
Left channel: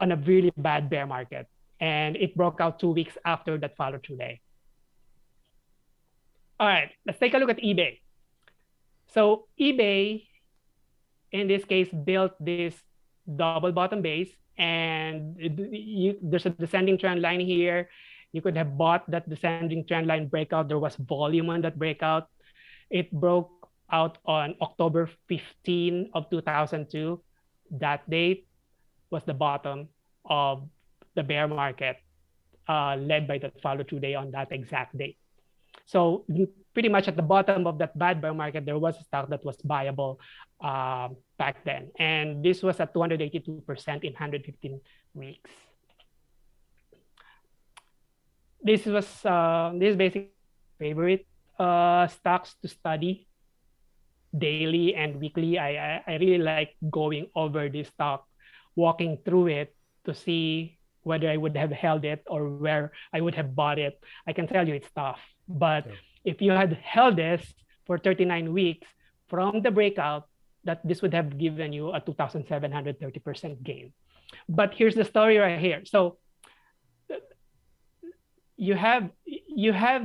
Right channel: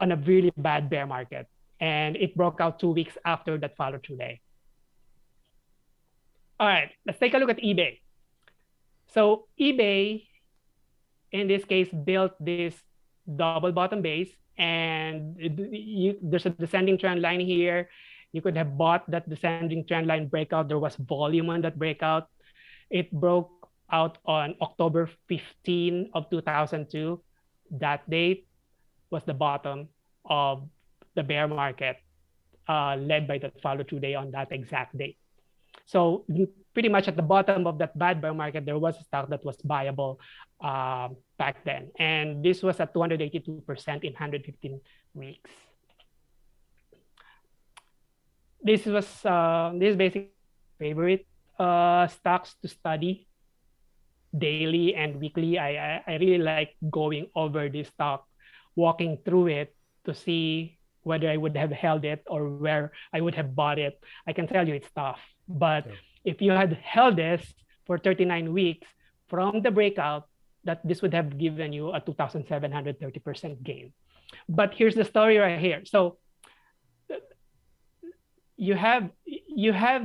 on a really bad bear market. And it broke out 2 weeks after that follow-through day. All right, let's take a look at eBay. So eBay, in this case, built this double bottom base, and there's a descending trend line here. You could have bought that descending trend line breakout. There was volume on that breakout. It broke out on October 15 of 2002. That date was the bottom of the bear market, led by the follow-through day on that exact date. So pretty much at the bottom of that bad bear market, there was a stock that was buyable back then. And this was at 282% in 115 weeks. This was this basic favorite stocks to study daily and weekly. I really like going over this stock, walking through it to see whether I would have held it or where I would have bought it. I can tell you it's tough. But if you had held this for 39 weeks from the breakout, that this would have given you a 2,730% gain. But here's the story right here. So you have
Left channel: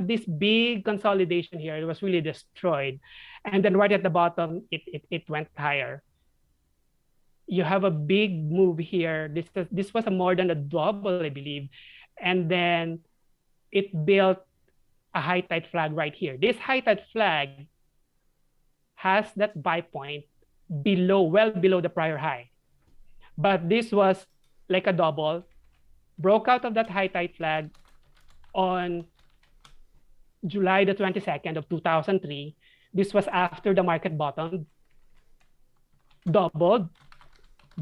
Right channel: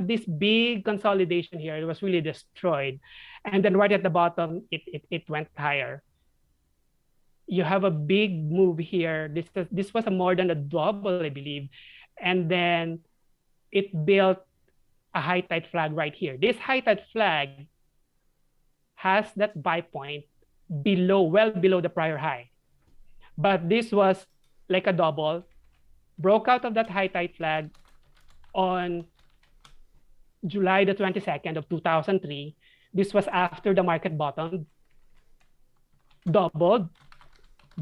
this big consolidation here. It was really destroyed. And then right at the bottom, it went higher. You have a big move here. This was a more than a double, I believe. And then it built a high tide flag right here. This high tide flag has that buy point below, well below the prior high. But this was like a double, broke out of that high tide flag on July the 22nd of 2003. This was after the market bottomed, doubled,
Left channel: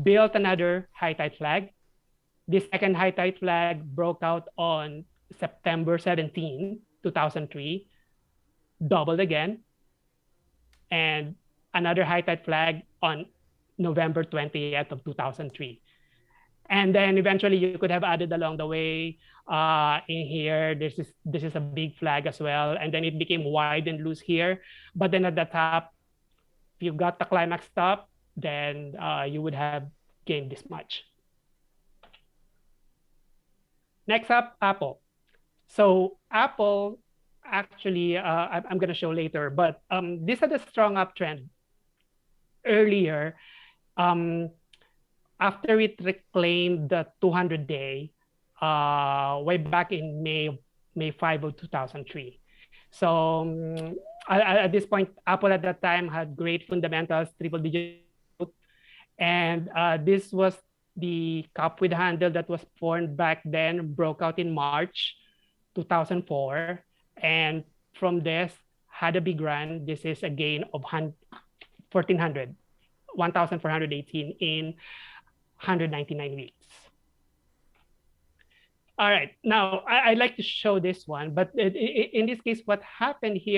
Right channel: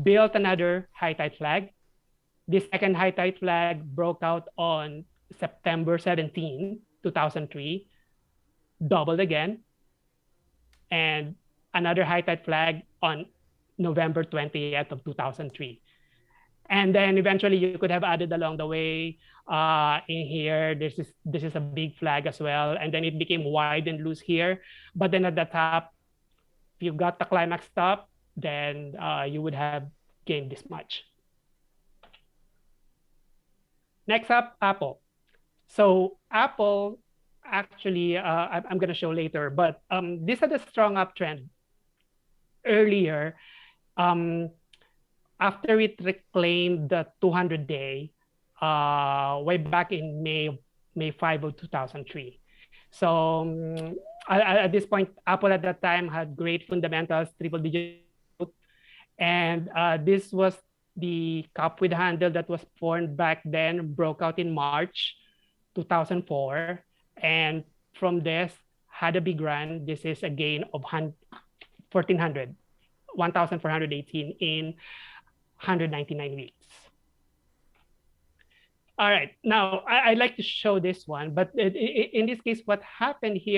built another high tide flag. The second high tide flag broke out on September 17, 2003, doubled again, and another high tide flag on November 20th of 2003. And then eventually you could have added along the way in here, this is a big flag as well. And then it became wide and loose here. But then at the top, if you got the climax top, then you would have gained this much. Next up, Apple. So Apple, actually, I'm going to show later, but this had a strong uptrend earlier. After it reclaimed the 200-day way back in May 5 of 2003. So at this point, Apple at that time had great fundamentals, triple-digit growth, and this was the cup with handle that was formed back then, broke out in March 2004, and from this had a big run. This is a gain of 1,418 in 199 weeks. All right, now I'd like to show this one, but in this case, what happened here